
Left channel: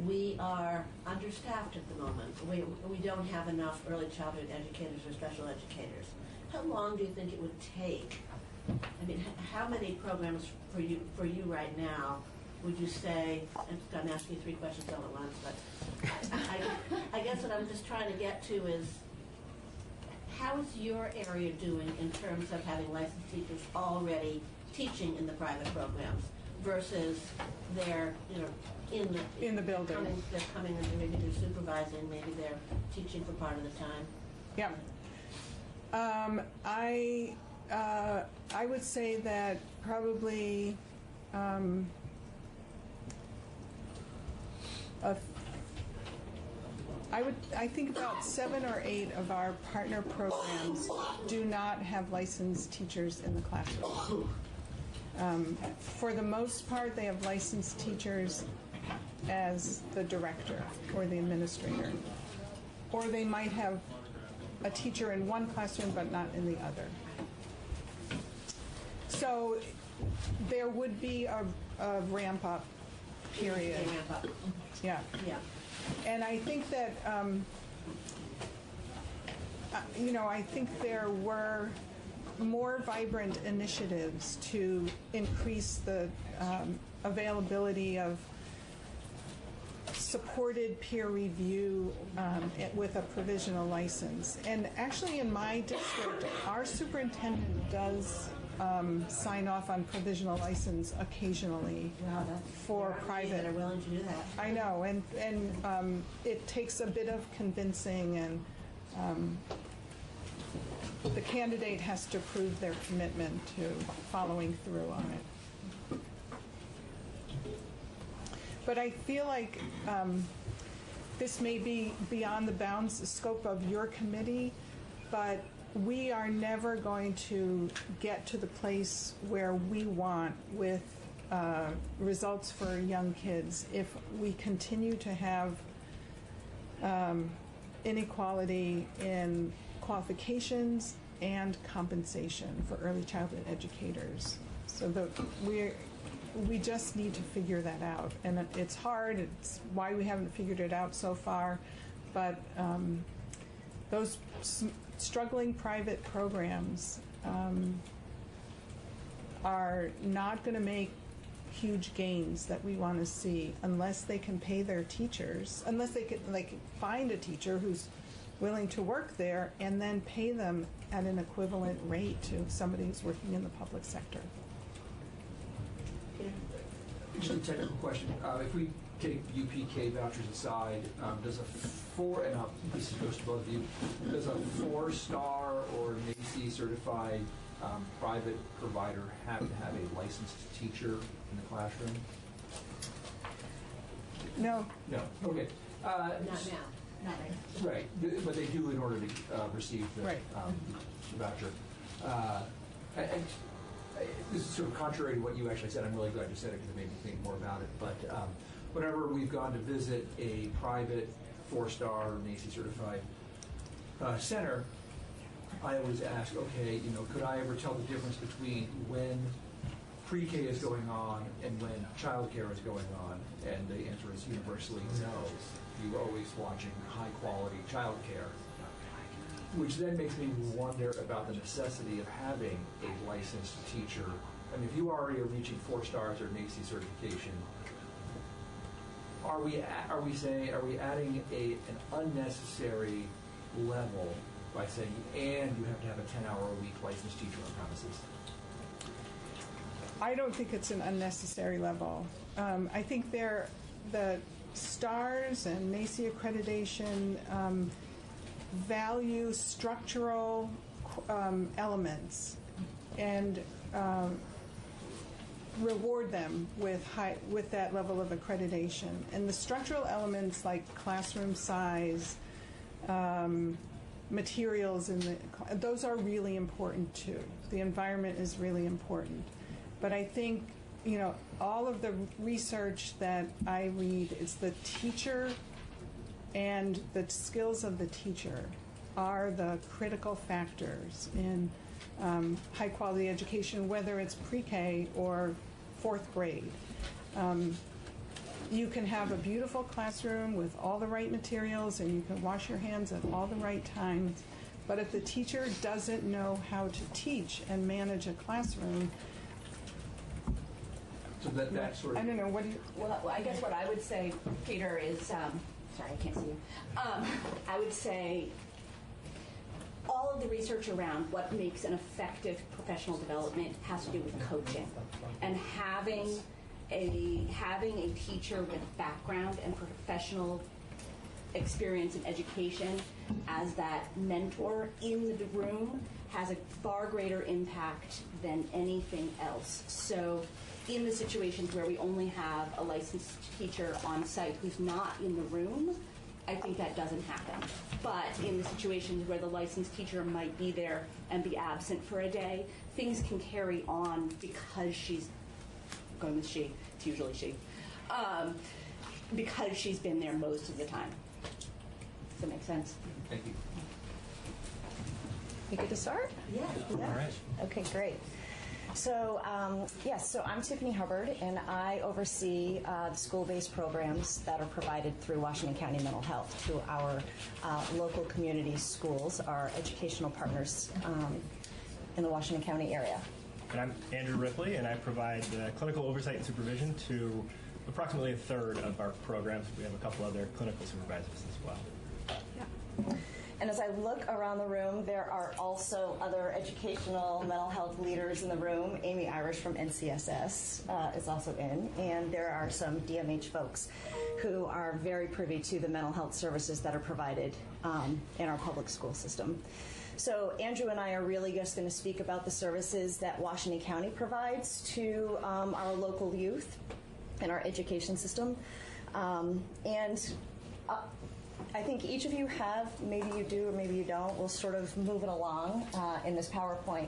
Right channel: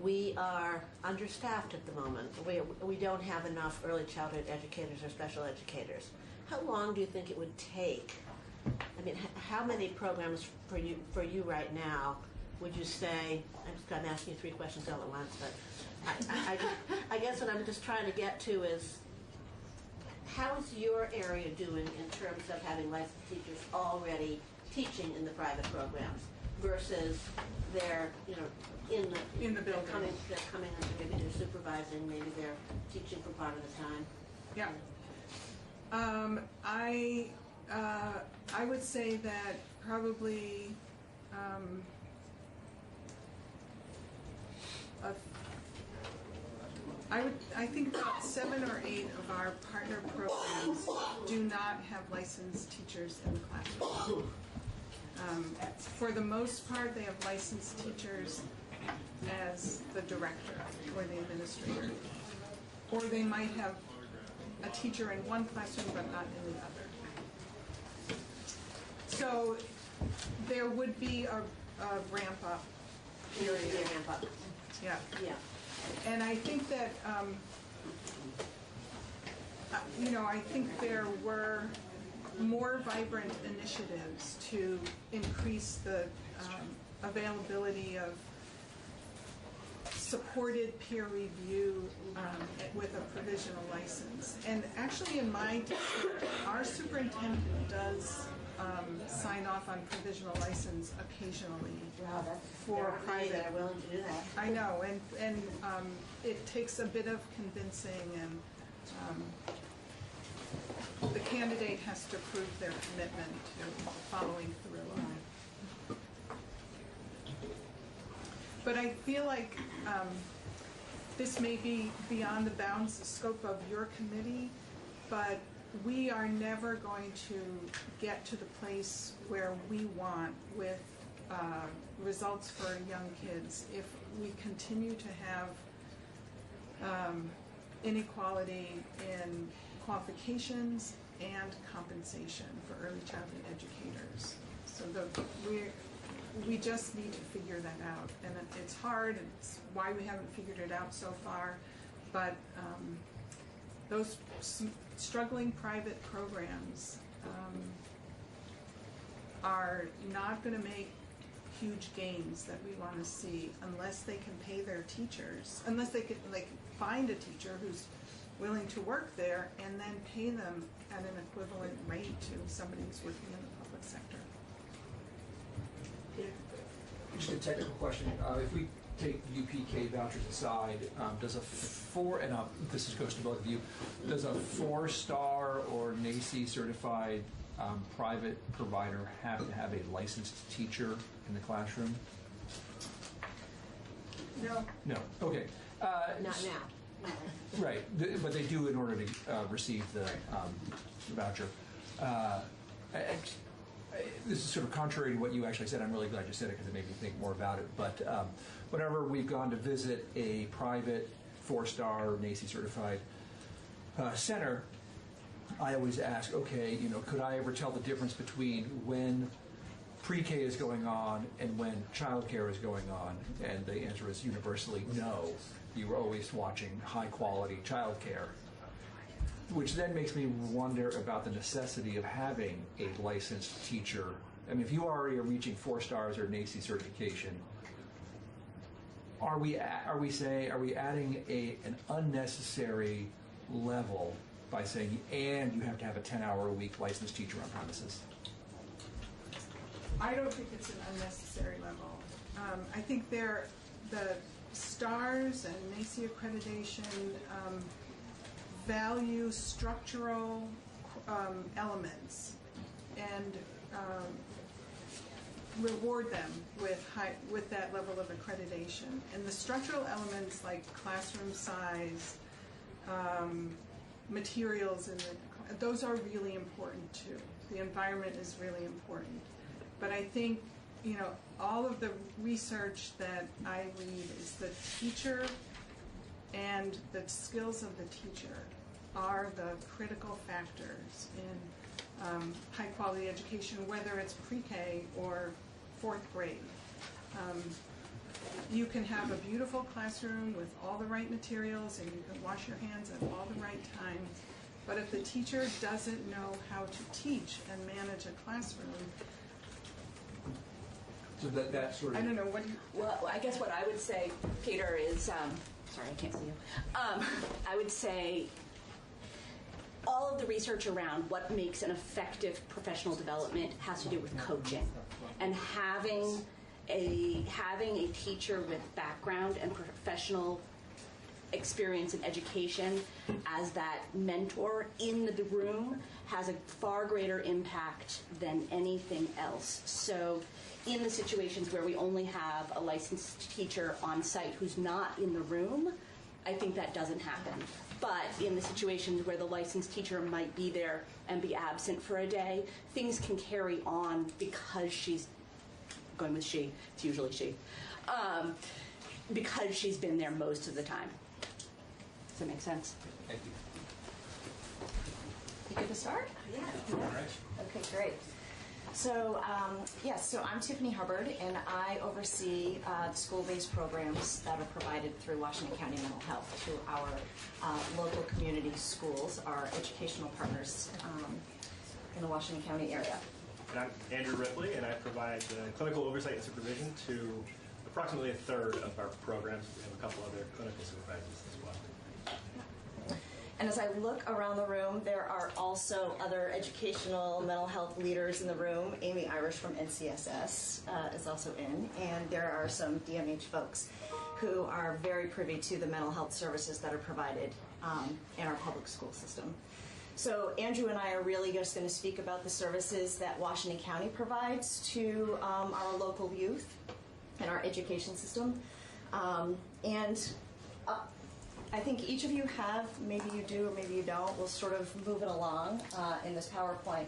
we are understaffed at the moment. We don't have enough early childhood educators or special educators. How long do you think it would take? I mean, how many programs for you right now would you say? I'm asking you 3 questions all at once, but I guess what I'm just trying to get to is, how is your area doing in terms of having licensed teachers already teaching in the private programs versus they're in the building. They're coming and maybe they're supervising, maybe they're teaching for part of the time. Yeah. I would say that probably I think about 7 or 8 of our partner programs do not have licensed teachers in the classroom. For the most part, they have licensed teachers as the director or the administrator. Or they might have a teacher in one classroom but not in the other. So there would be a ramp up period. Yeah. And I think that, I think there were more vibrant initiatives to increase the availability of supported peer review with a provisional license. And actually in my district, our superintendent does sign off on provisional license occasionally for private. That are willing to do that. I know, and it takes a bit of convincing, and the candidate has to prove their commitment to following through on it. But I feel like this may be beyond the bounds, the scope of your committee, but we are never going to get to the place where we want with results for young kids if we continue to have inequality in qualifications and compensation for early childhood educators. So we just need to figure that out, and it's hard. It's why we haven't figured it out so far, but those struggling private programs are not going to make huge gains that we want to see unless they can pay their teachers, unless they can find a teacher who's willing to work there and then pay them at an equivalent rate to somebody who's working in the public sector. just a technical question. If we take UPK vouchers aside, does this goes to both of you, does a 4-star or NACE certified private provider have to have a licensed teacher in the classroom? No. No. Okay. Not now. Right, but they do in order to receive the voucher. And this is sort of contrary to what you actually said. I'm really glad you said it because it made me think more about it. But whenever we've gone to visit a private 4-star NACE certified center, I always ask, okay, could I ever tell the difference between when pre-K is going on and when childcare is going on? And the answer is universally no. You are always watching high-quality childcare, which then makes me wonder about the necessity of having a licensed teacher. I mean, if you already are reaching 4 stars or NACE certification, are we adding an unnecessary level by saying, and you have to have a 10-hour-a-week licensed teacher on premises? I don't think it's an unnecessary level. I think the stars and NACE accreditation value structural elements and reward them with that level of accreditation. And the structural elements like classroom size, materials, those are really important too. The environment is really important. But I think, all of the research that I read is the teacher and the skills of the teacher are the critical factors in high-quality education, whether it's pre-K or 4th grade. You can have a beautiful classroom with all the right materials and you can wash your hands at all the right times, but if the teacher doesn't know how to teach and manage a classroom, so that sort of... I don't know, what do you... Well, I guess what I would say, Peter, is, sorry, I can't see you. I would say all of the research around what makes an effective professional development has to do with coaching and having a teacher with background and professional experience and education as that mentor in the room has a far greater impact than anything else. So in the situations where we only have a licensed teacher on site who's not in the room, I think that doesn't happen. But in the situations where the licensed teacher might be there and be absent for a day, things can carry on because she's going with she, it's usually she, because she's been there most of the time. Does that make sense? Thank you. You get to start? Yeah. All right. Okay, great. So, so I'm Tiffany Hubbard, and I oversee the school-based programs that are provided through Washington County Mental Health through our local community schools, our educational partners in the Washington County area. And I'm Andrew Ripley, and I provide clinical oversight and supervision to approximately a third of our programs. We have a couple other clinical supervisors as well. Yeah. And as I look around the room, there are also other educational mental health leaders in the room. Amy Irish from NCSS is also in, and there are some DMH folks who are very privy to the mental health services that are provided in our public school system. So Andrew and I are really just going to speak about the services that Washington County provides to our local youth and our education system. I think each of you have, maybe you do or maybe you don't, we'll sort of move it along in this PowerPoint.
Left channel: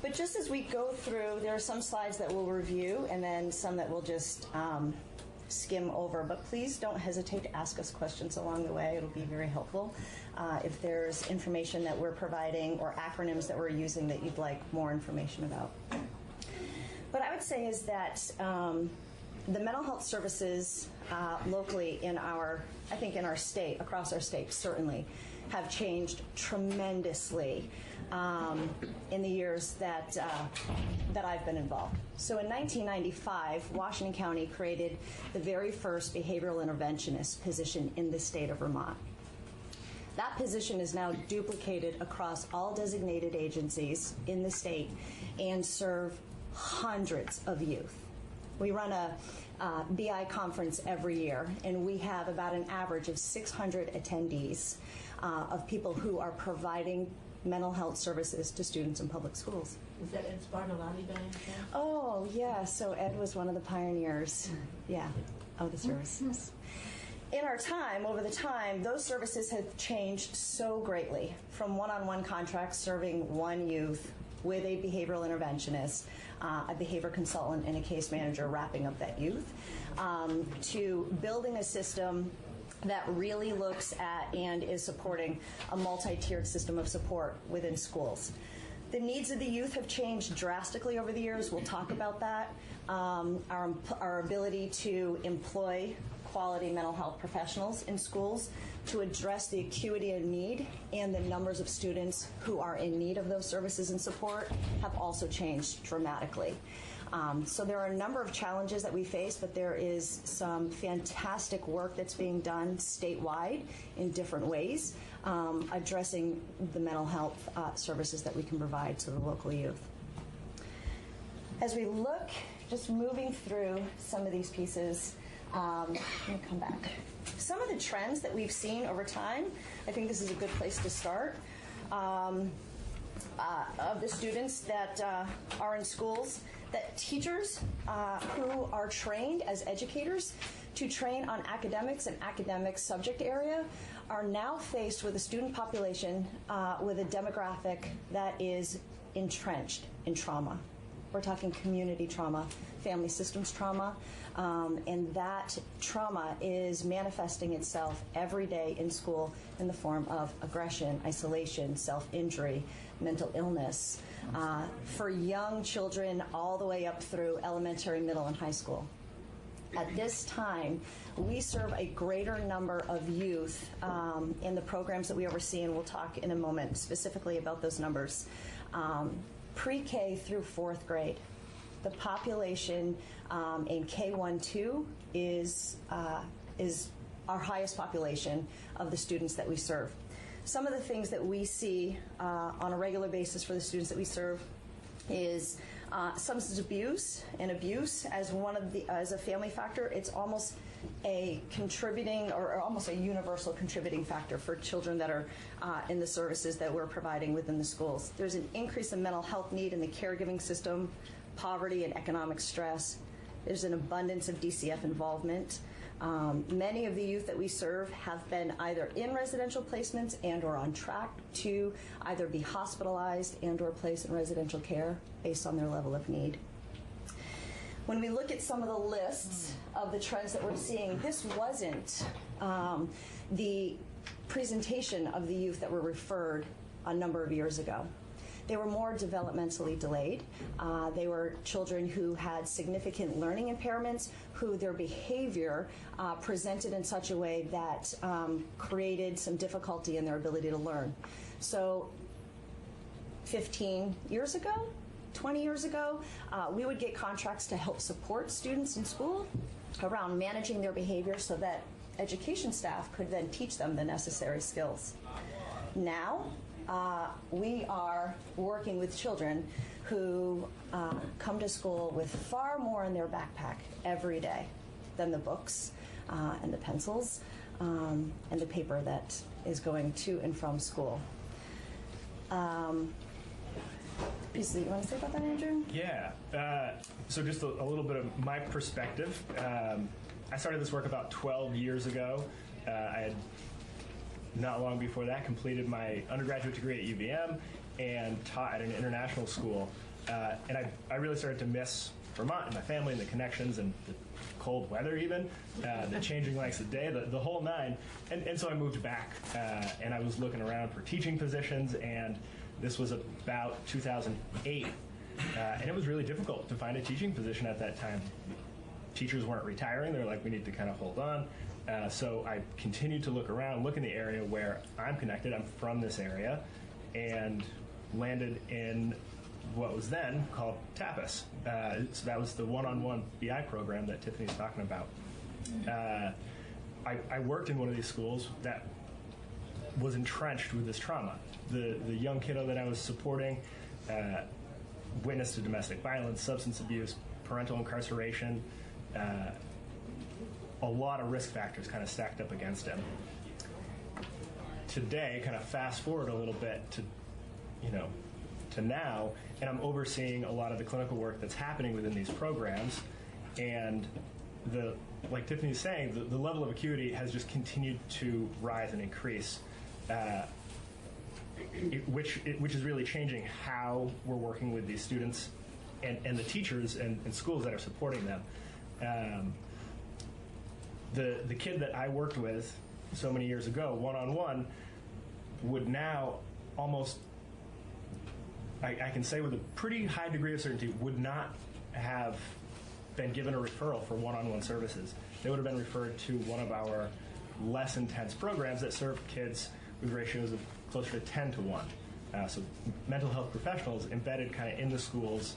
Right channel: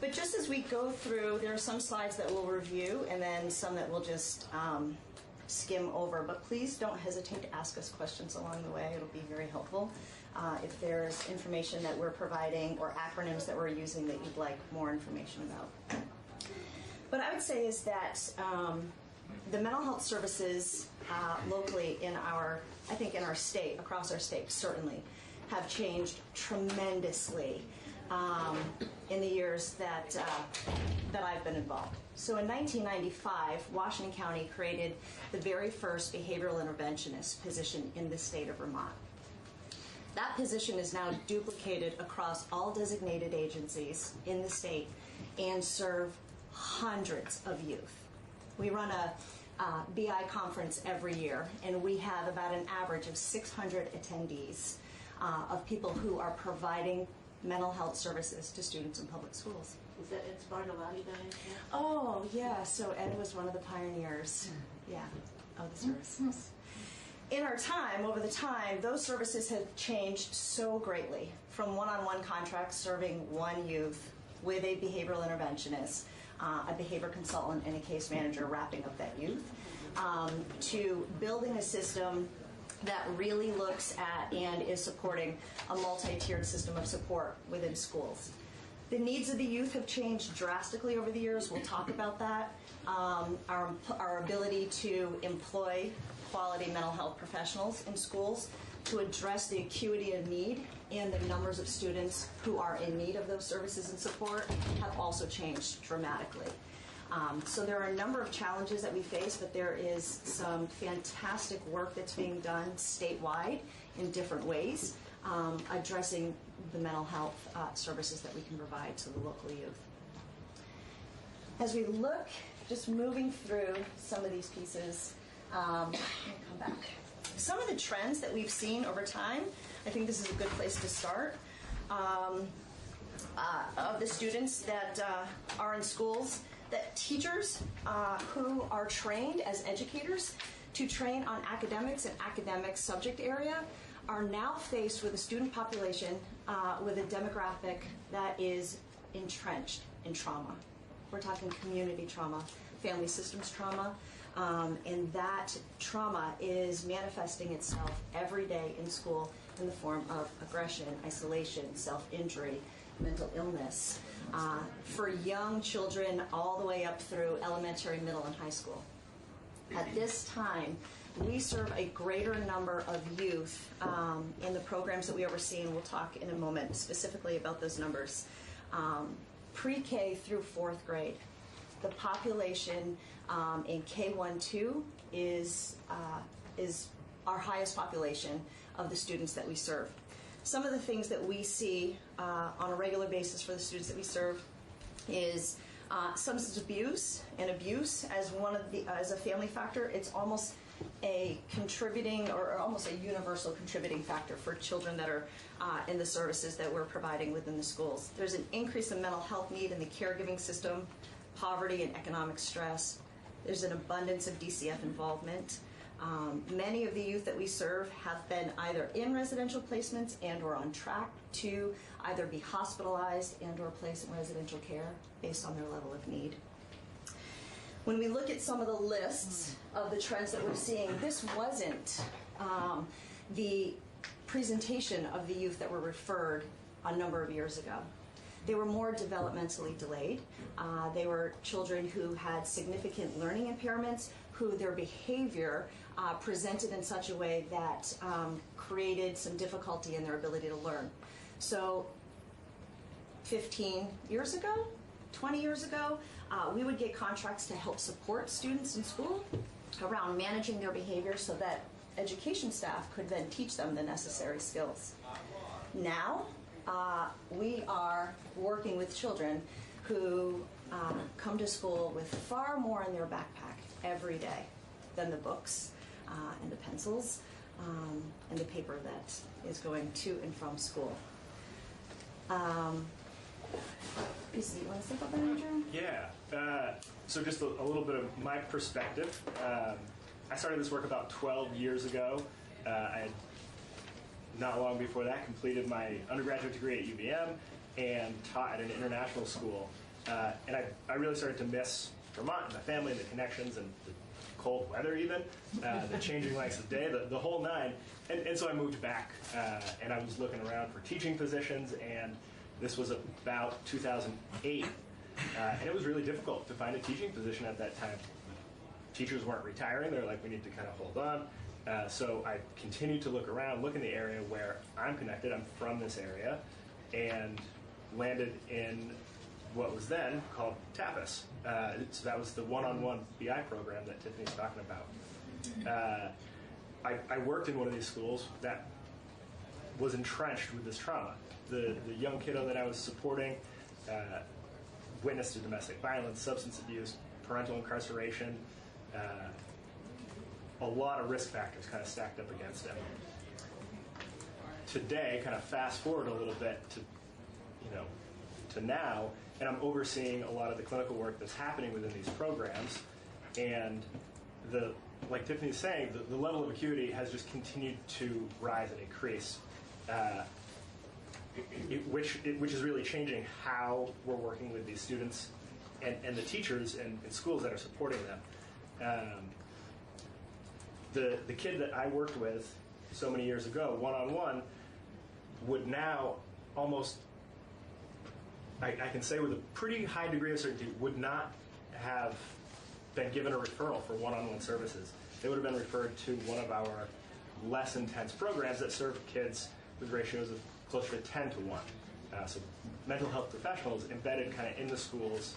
But just as we go through, there are some slides that we'll review and then some that we'll just skim over. But please don't hesitate to ask us questions along the way. It'll be very helpful. If there's information that we're providing or acronyms that we're using that you'd like more information about. What I would say is that the mental health services locally in our state, across our state certainly, have changed tremendously in the years that I've been involved. So in 1995, Washington County created the very first behavioral interventionist position in the state of Vermont. That position is now duplicated across all designated agencies in the state and serve hundreds of youth. We run BI conference every year, and we have about an average of 600 attendees of people who are providing mental health services to students in public schools. Is that Ed Spartolati by any chance? Oh, yeah, so Ed was one of the pioneers, of the services. In our time, over the time, those services have changed so greatly, from one-on-one contracts serving one youth with a behavioral interventionist, a behavior consultant, and a case manager wrapping up that youth, to building a system that really looks at and is supporting a multi-tiered system of support within schools. The needs of the youth have changed drastically over the years. We'll talk about that. Our ability to employ quality mental health professionals in schools to address the acuity of need and the numbers of students who are in need of those services and support have also changed dramatically. So there are a number of challenges that we face, but there is some fantastic work that's being done statewide in different ways, addressing the mental health services that we can provide to the local youth. As we look, just moving through some of these pieces, let me come back. Some of the trends that we've seen over time, I think this is a good place to start, of the students that are in schools, that teachers who are trained as educators to train on academics and academic subject area are now faced with a student population with a demographic that is entrenched in trauma. We're talking community trauma, family systems trauma, and that trauma is manifesting itself every day in school in the form of aggression, isolation, self-injury, mental illness, for young children all the way up through elementary, middle, and high school. At this time, we serve a greater number of youth in the programs that we oversee, and we'll talk in a moment specifically about those numbers. Pre-K through 4th grade, the population in K-1-2 is our highest population of the students that we serve. Some of the things that we see on a regular basis for the students that we serve is substance abuse and abuse as a family factor. It's almost a contributing or almost a universal contributing factor for children that are in the services that we're providing within the schools. There's an increase in mental health need in the caregiving system, poverty and economic stress. There's an abundance of DCF involvement. Many of the youth that we serve have been either in residential placements and or on track to either be hospitalized and or placed in residential care based on their level of need. When we look at some of the lists of the trends that we're seeing, this wasn't the presentation of the youth that were referred a number of years ago. They were more developmentally delayed. They were children who had significant learning impairments, who their behavior presented in such a way that created some difficulty in their ability to learn. So 15 years ago, 20 years ago, we would get contracts to help support students in school around managing their behavior so that education staff could then teach them the necessary skills. Now, we are working with children who come to school with far more in their backpack every day than the books and the pencils and the paper that is going to and from school. You want to say about that, Andrew? Yeah. So just a little bit of my perspective. I started this work about 12 years ago. I had not long before that completed my undergraduate degree at UVM and taught at an international school. And I really started to miss Vermont and my family and the connections and the cold weather even, the changing lengths of day, the whole nine. And so I moved back and I was looking around for teaching positions, and this was about 2008. And it was really difficult to find a teaching position at that time. Teachers weren't retiring. They're like, we need to kind of hold on. So I continued to look around, look in the area where I'm connected. I'm from this area, and landed in what was then called TAPAS. So that was the one-on-one BI program that Tiffany's talking about. I worked in one of these schools that was entrenched with this trauma. The young kiddo that I was supporting witnessed to domestic violence, substance abuse, parental incarceration, a lot of risk factors kind of stacked up against him. Today, kind of fast forward a little bit to, to now, and I'm overseeing a lot of the clinical work that's happening within these programs, and like Tiffany's saying, the level of acuity has just continued to rise and increase, which is really changing how we're working with these students and the teachers and schools that are supporting them. The kid that I worked with so many years ago, one-on-one, would now almost, I can say with a pretty high degree of certainty, would not have been given a referral for one-on-one services. They would have been referred to one of our less intense programs that serve kids with ratios of closer to 10 to 1. So mental health professionals embedded kind of in the schools,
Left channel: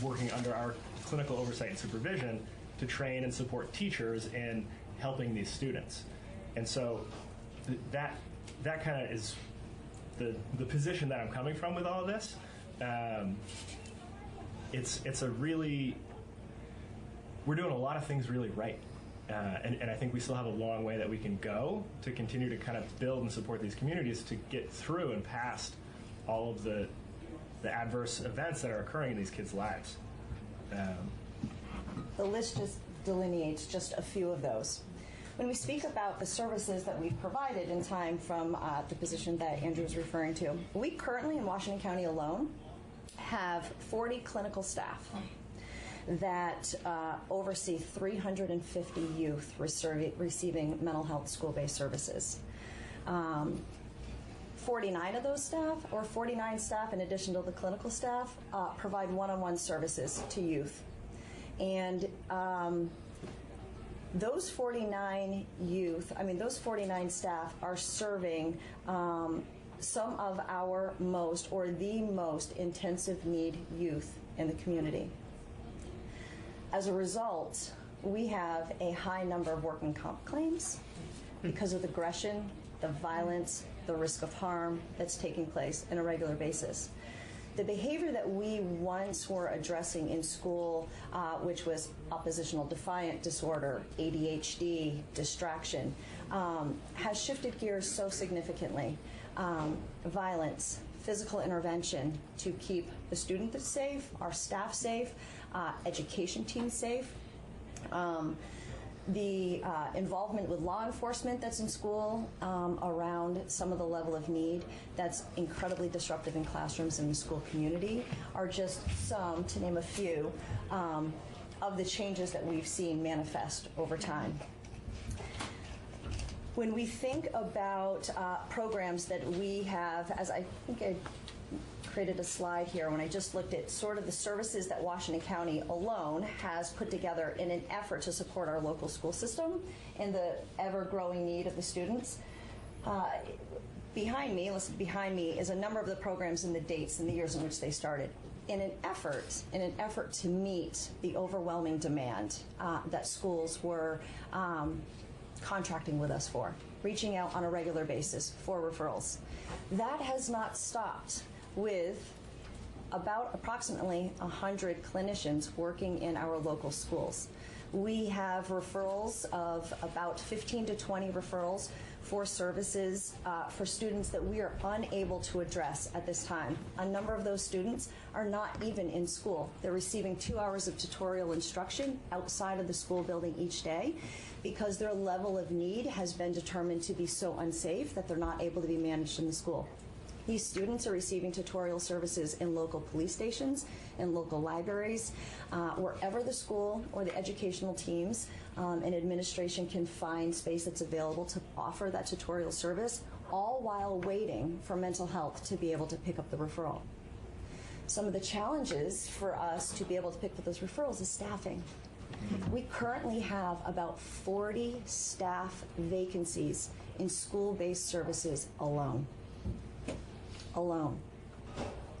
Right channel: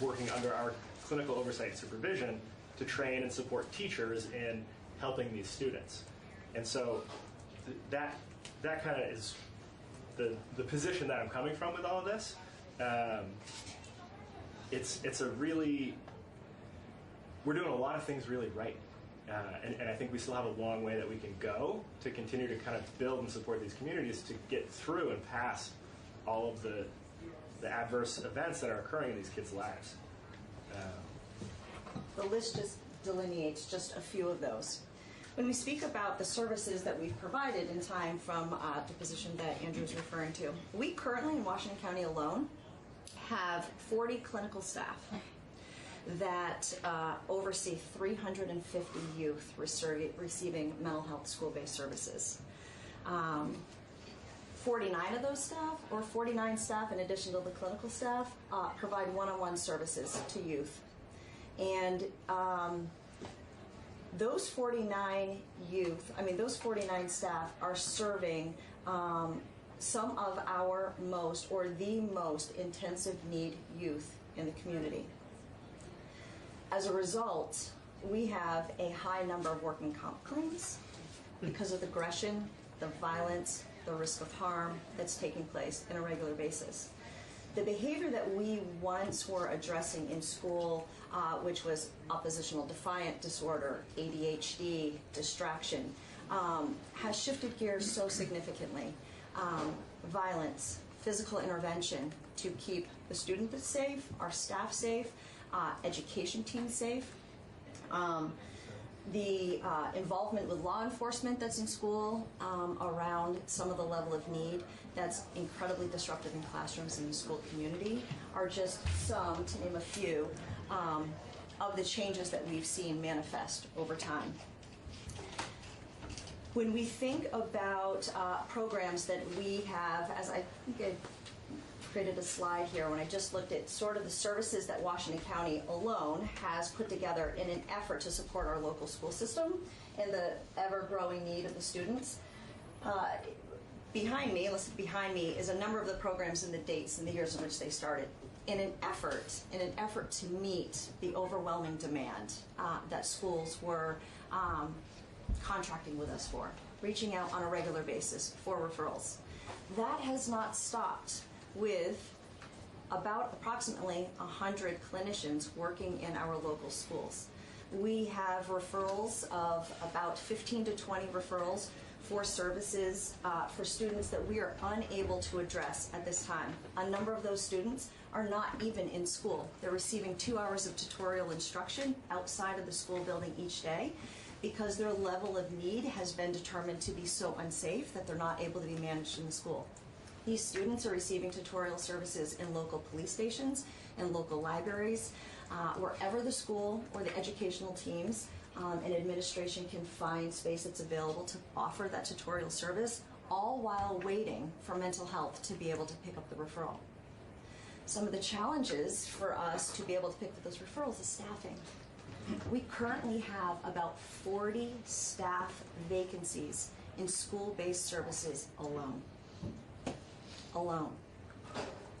working under our clinical oversight and supervision to train and support teachers in helping these students. And so that kind of is the position that I'm coming from with all of this. It's a really, we're doing a lot of things really right. And I think we still have a long way that we can go to continue to kind of build and support these communities to get through and past all of the adverse events that are occurring in these kids' lives. The list just delineates just a few of those. When we speak about the services that we've provided in time from the position that Andrew was referring to, we currently in Washington County alone have 40 clinical staff that oversee 350 youth receiving mental health school-based services. 49 of those staff, or 49 staff in addition to the clinical staff, provide one-on-one services to youth. And those 49 those 49 staff are serving some of our most, or the most intensive need youth in the community. As a result, we have a high number of workman comp claims because of the aggression, the violence, the risk of harm that's taking place on a regular basis. The behavior that we once were addressing in school, which was oppositional defiant disorder, ADHD, distraction, has shifted gears so significantly. Violence, physical intervention to keep the student safe, our staff safe, education teams safe. The involvement with law enforcement that's in school around some of the level of need that's incredibly disruptive in classrooms in the school community are just some, to name a few, of the changes that we've seen manifest over time. When we think about programs that we have, as I think I created a slide here when I just looked at sort of the services that Washington County alone has put together in an effort to support our local school system and the ever-growing need of the students. Behind me is a number of the programs and the dates and the years in which they started in an effort to meet the overwhelming demand that schools were contracting with us for, reaching out on a regular basis for referrals. That has not stopped with about approximately 100 clinicians working in our local schools. We have referrals of about 15 to 20 referrals for services for students that we are unable to address at this time. A number of those students are not even in school. They're receiving 2 hours of tutorial instruction outside of the school building each day because their level of need has been determined to be so unsafe that they're not able to be managed in the school. These students are receiving tutorial services in local police stations and local libraries, wherever the school or the educational teams and administration can find space that's available to offer that tutorial service, all while waiting for mental health to be able to pick up the referral. Some of the challenges for us to be able to pick up those referrals is staffing. We currently have about 40 staff vacancies in school-based services alone.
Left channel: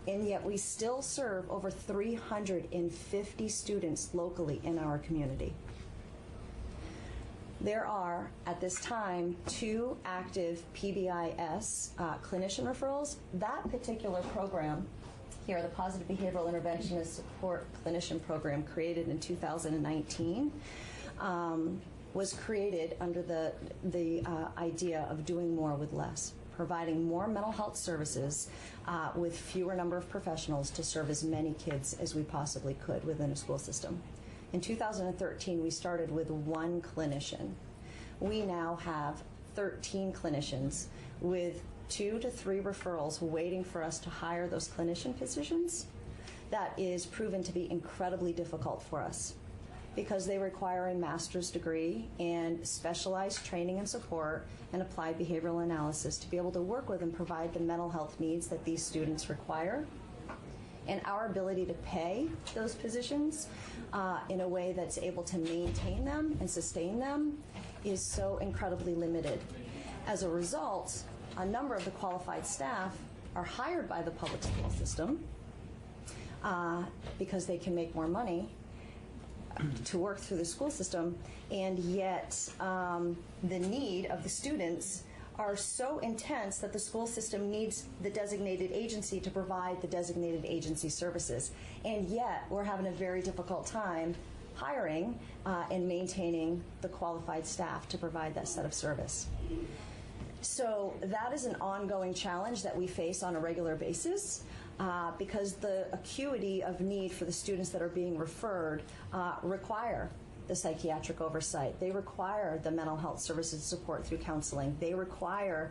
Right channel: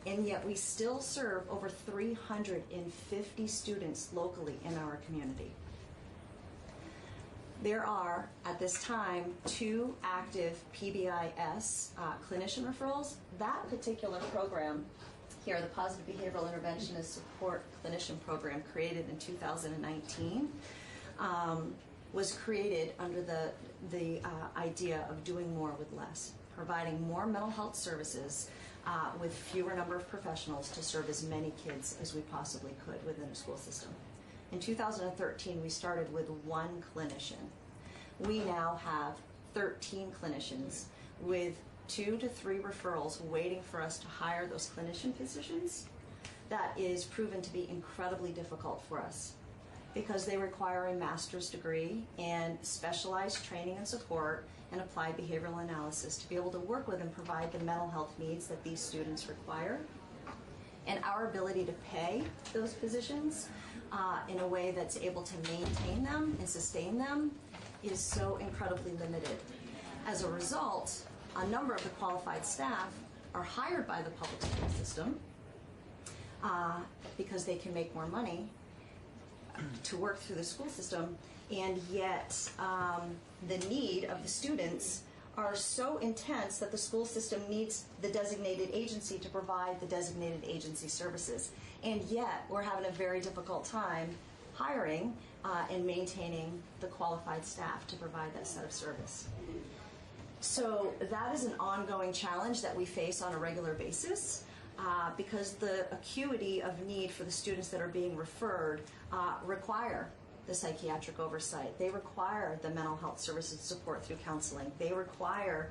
And yet we still serve over 350 students locally in our community. There are, at this time, 2 active PBIS clinician referrals. That particular program here, the Positive Behavioral Intervention and Support Clinician Program, created in 2019, was created under the idea of doing more with less, providing more mental health services with fewer number of professionals to serve as many kids as we possibly could within a school system. In 2013, we started with 1 clinician. We now have 13 clinicians with 2 to 3 referrals waiting for us to hire those clinician positions. That is proven to be incredibly difficult for us because they require a master's degree and specialized training and support and applied behavioral analysis to be able to work with and provide the mental health needs that these students require. And our ability to pay those positions in a way that's able to maintain them and sustain them is so incredibly limited. As a result, a number of the qualified staff are hired by the public school system because they can make more money to work through the school system, and yet the need of the students are so intense that the school system needs the designated agency to provide the designated agency services. And yet we're having a very difficult time hiring and maintaining the qualified staff to provide that set of service. So that is an ongoing challenge that we face on a regular basis because the acuity of need for the students that are being referred require the psychiatric oversight. They require the mental health services support through counseling. They require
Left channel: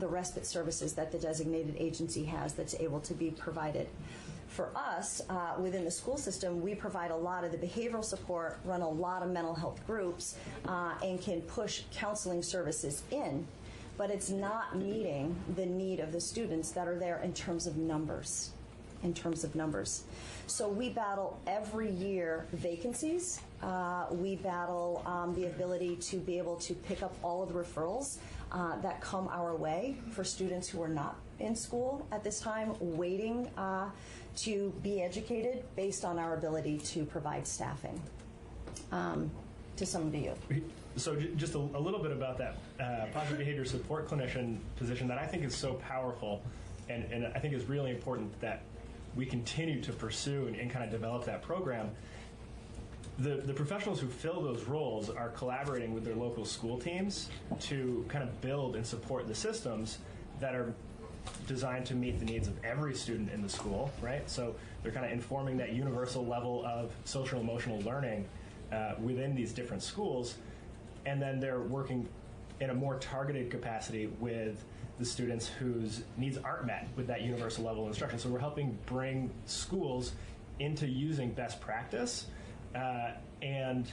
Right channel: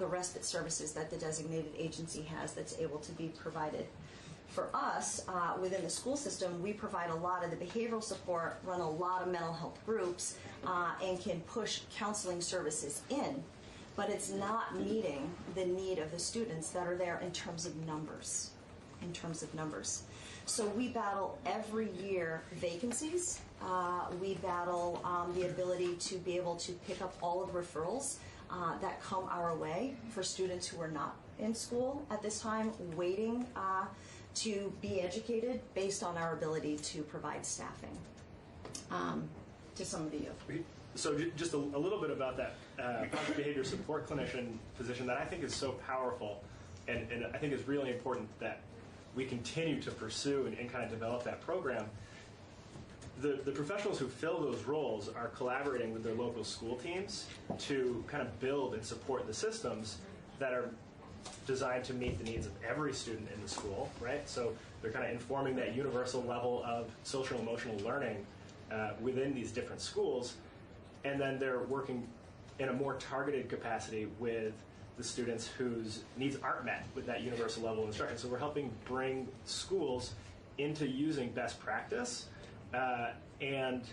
the respite services that the designated agency has that's able to be provided. For us, within the school system, we provide a lot of the behavioral support, run a lot of mental health groups, and can push counseling services in. But it's not meeting the need of the students that are there in terms of numbers. So we battle every year vacancies. We battle the ability to be able to pick up all of the referrals that come our way for students who are not in school at this time, waiting to be educated based on our ability to provide staffing to some of the youth. So just a little bit about that positive behavior support clinician position that I think is so powerful, and I think is really important that we continue to pursue and kind of develop that program. The professionals who fill those roles are collaborating with their local school teams to kind of build and support the systems that are designed to meet the needs of every student in the school, right? So they're kind of informing that universal level of social emotional learning within these different schools, and then they're working in a more targeted capacity with the students whose needs aren't met with that universal level of instruction. So we're helping bring schools into using best practice and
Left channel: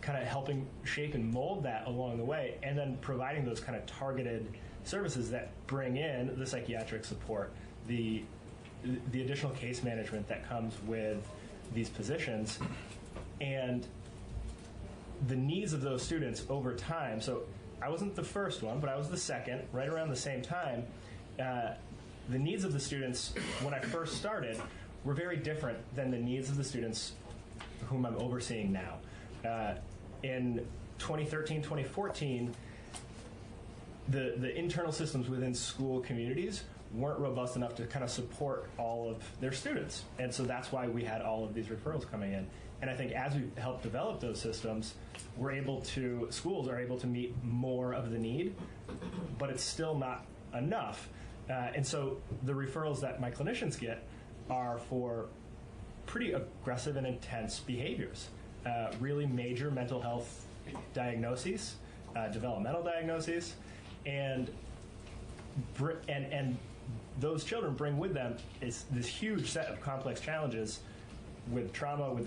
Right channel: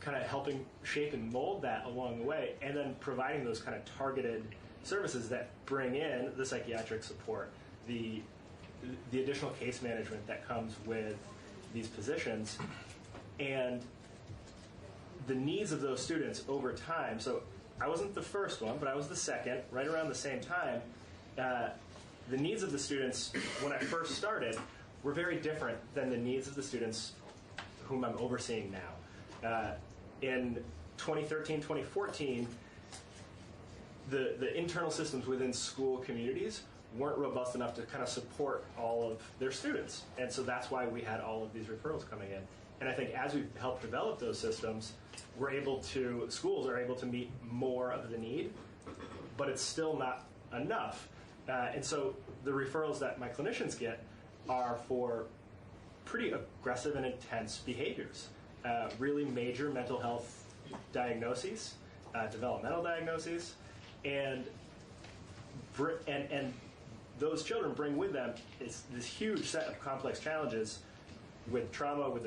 kind of helping shape and mold that along the way, and then providing those kind of targeted services that bring in the psychiatric support, the additional case management that comes with these positions, and the needs of those students over time. So I wasn't the first one, but I was the second, right around the same time. The needs of the students when I first started were very different than the needs of the students whom I'm overseeing now. In 2013, 2014, the internal systems within school communities weren't robust enough to kind of support all of their students. And so that's why we had all of these referrals coming in. And I think as we help develop those systems, schools are able to meet more of the need, but it's still not enough. And so the referrals that my clinicians get are for pretty aggressive and intense behaviors, really major mental health diagnoses, developmental diagnoses, and those children bring with them this huge set of complex challenges with trauma, with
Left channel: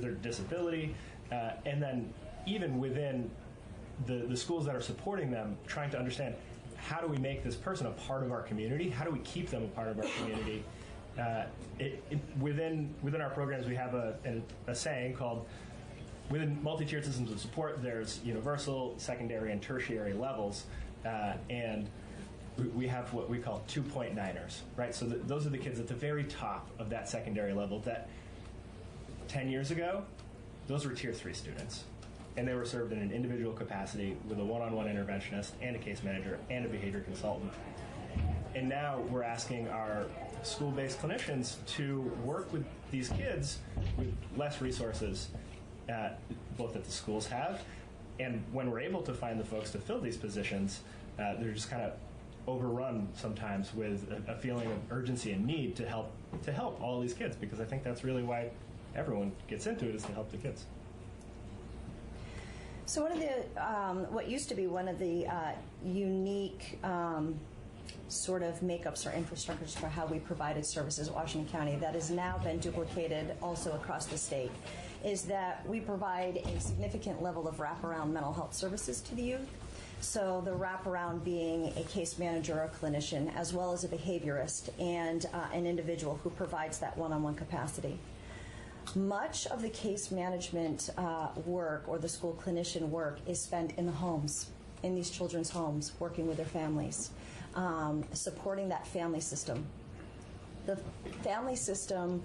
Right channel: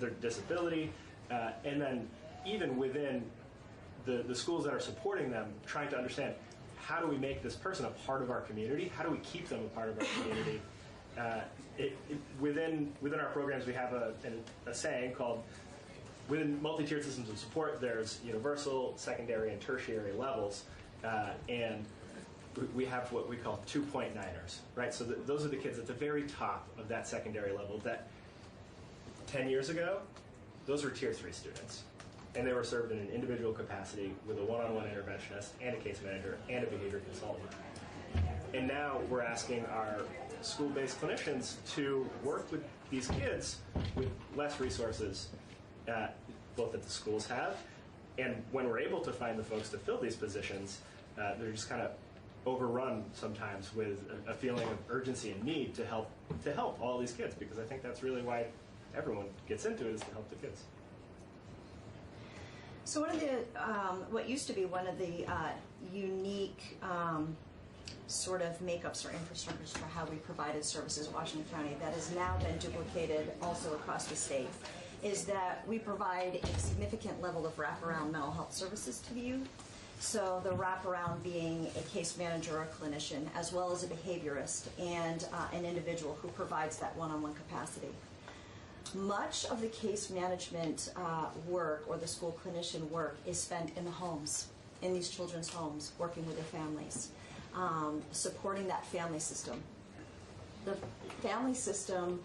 their disability, and then even within the schools that are supporting them, trying to understand how do we make this person a part of our community? How do we keep them a part of our community? Within our programs, we have a saying called, within multi-tiered systems of support, there's universal, secondary, and tertiary levels, and we have what we call 2.9ers, right? So those are the kids at the very top of that secondary level that 10 years ago, those were tier 3 students. And they were served in an individual capacity with a one-on-one interventionist and a case manager and a behavior consultant. And now we're asking our school-based clinicians to work with these kids with less resources, both that the schools have And when we're able to find the folks to fill these positions, they're just kind of overrun sometimes with a feeling of urgency and need to help all these kids, because I think that's really why everyone gets into it, is to help the kids. So one of the, what used to be one of the unique sort of makeups or infrastructures for how we provided services in Washington County that has now been duplicated also across the state is that we provide a significant level of wraparound mental health services to the youth. So the wraparound being a case manager or a clinician, as well as a behaviorist and an individual who provides that one-on-one capacity. Much of the case management work or the school clinician work is spent in the homes, in these children's homes, working with their families, supporting that family system. The family system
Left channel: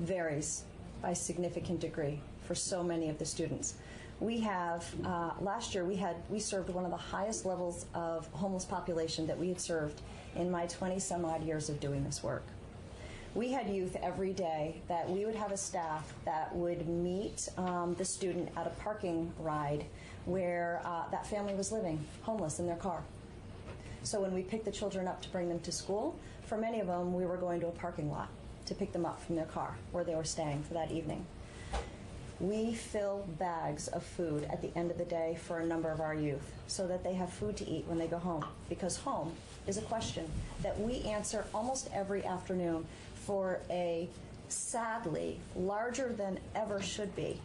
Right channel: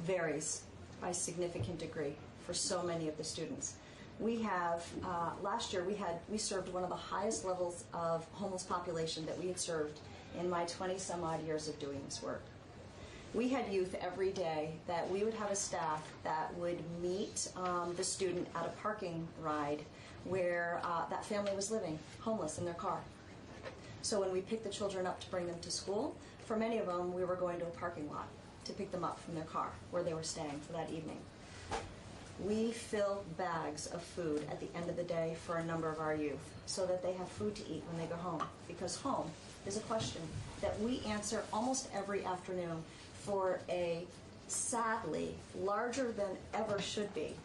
varies by a significant degree for so many of the students. We have, last year we served one of the highest levels of homeless population that we had served in my 20 some odd years of doing this work. We had youth every day that we would have a staff that would meet the student at a parking ride where that family was living, homeless in their car. So when we picked the children up to bring them to school, for many of them we were going to a parking lot to pick them up from their car where they were staying for that evening. We fill bags of food at the end of the day for a number of our youth so that they have food to eat when they go home, because home is a question that we answer almost every afternoon for a sadly larger than ever should be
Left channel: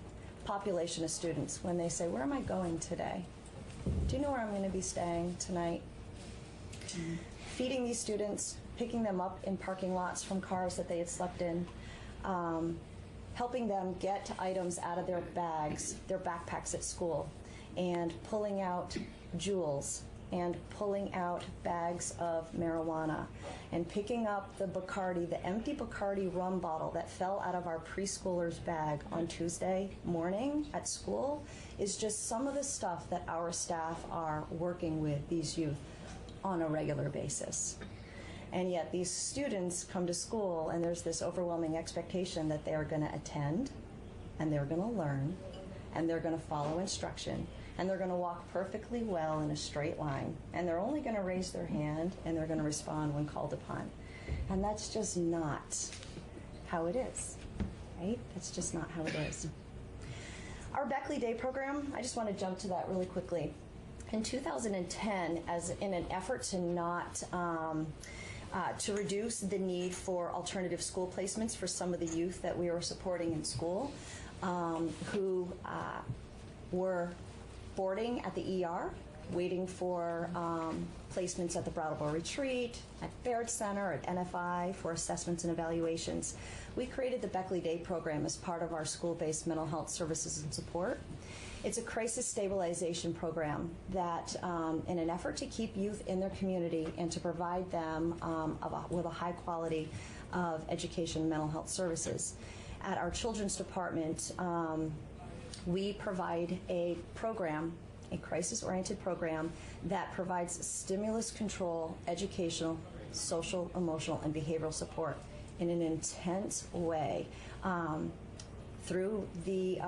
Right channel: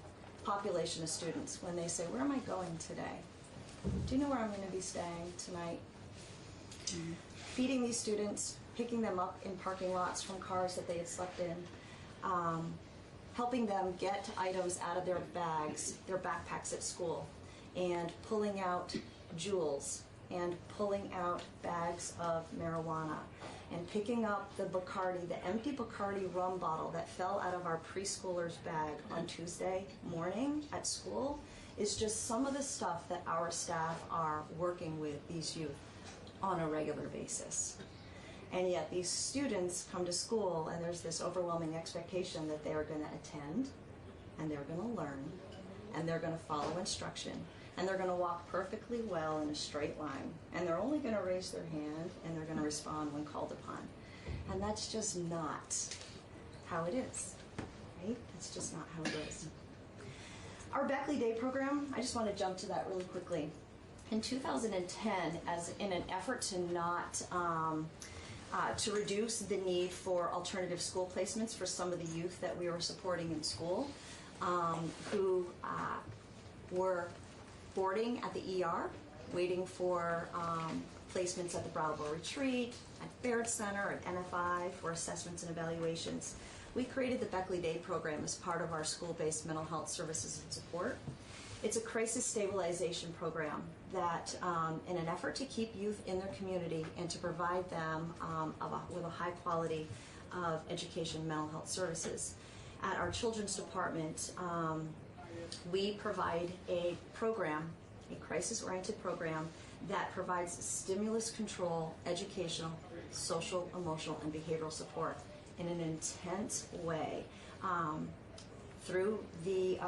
population of students when they say, where am I going today? Do you know where I'm going to be staying tonight? Feeding these students, picking them up in parking lots from cars that they had slept in, helping them get items out of their bags, their backpacks at school, and pulling out jewels and pulling out bags of marijuana and picking up the Bacardi, the empty Bacardi rum bottle that fell out of our preschooler's bag on Tuesday morning at school is just some of the stuff that our staff are working with these youth on a regular basis. And yet these students come to school and there's this overwhelming expectation that they are going to attend and they're going to learn and they're going to follow instruction and they're going to walk perfectly well in a straight line and they're only going to raise their hand and they're going to respond when called upon. And that's just not how it is, right? That's just not how it is. Our Beckley Day program, I just want to jump to that really quickly. In 2010, as in an effort to not to reduce the need for alternative school placements for some of the youth that we were supporting in school who were boarding at the ER, waiting for placements at the Brattleboro Retreat, at Baird Center, at NFI for assessments and evaluations. We created the Beckley Day program as part of our school-based mental health services and support. It's a crisis stabilization program that, in an effort to keep youth in their community and to provide them with a high quality of education and mental health services. At our children's department, we provide a program, a crisis-oriented program that provides stimulus control, educational, social, emotional, and behavioral support in an intense way through the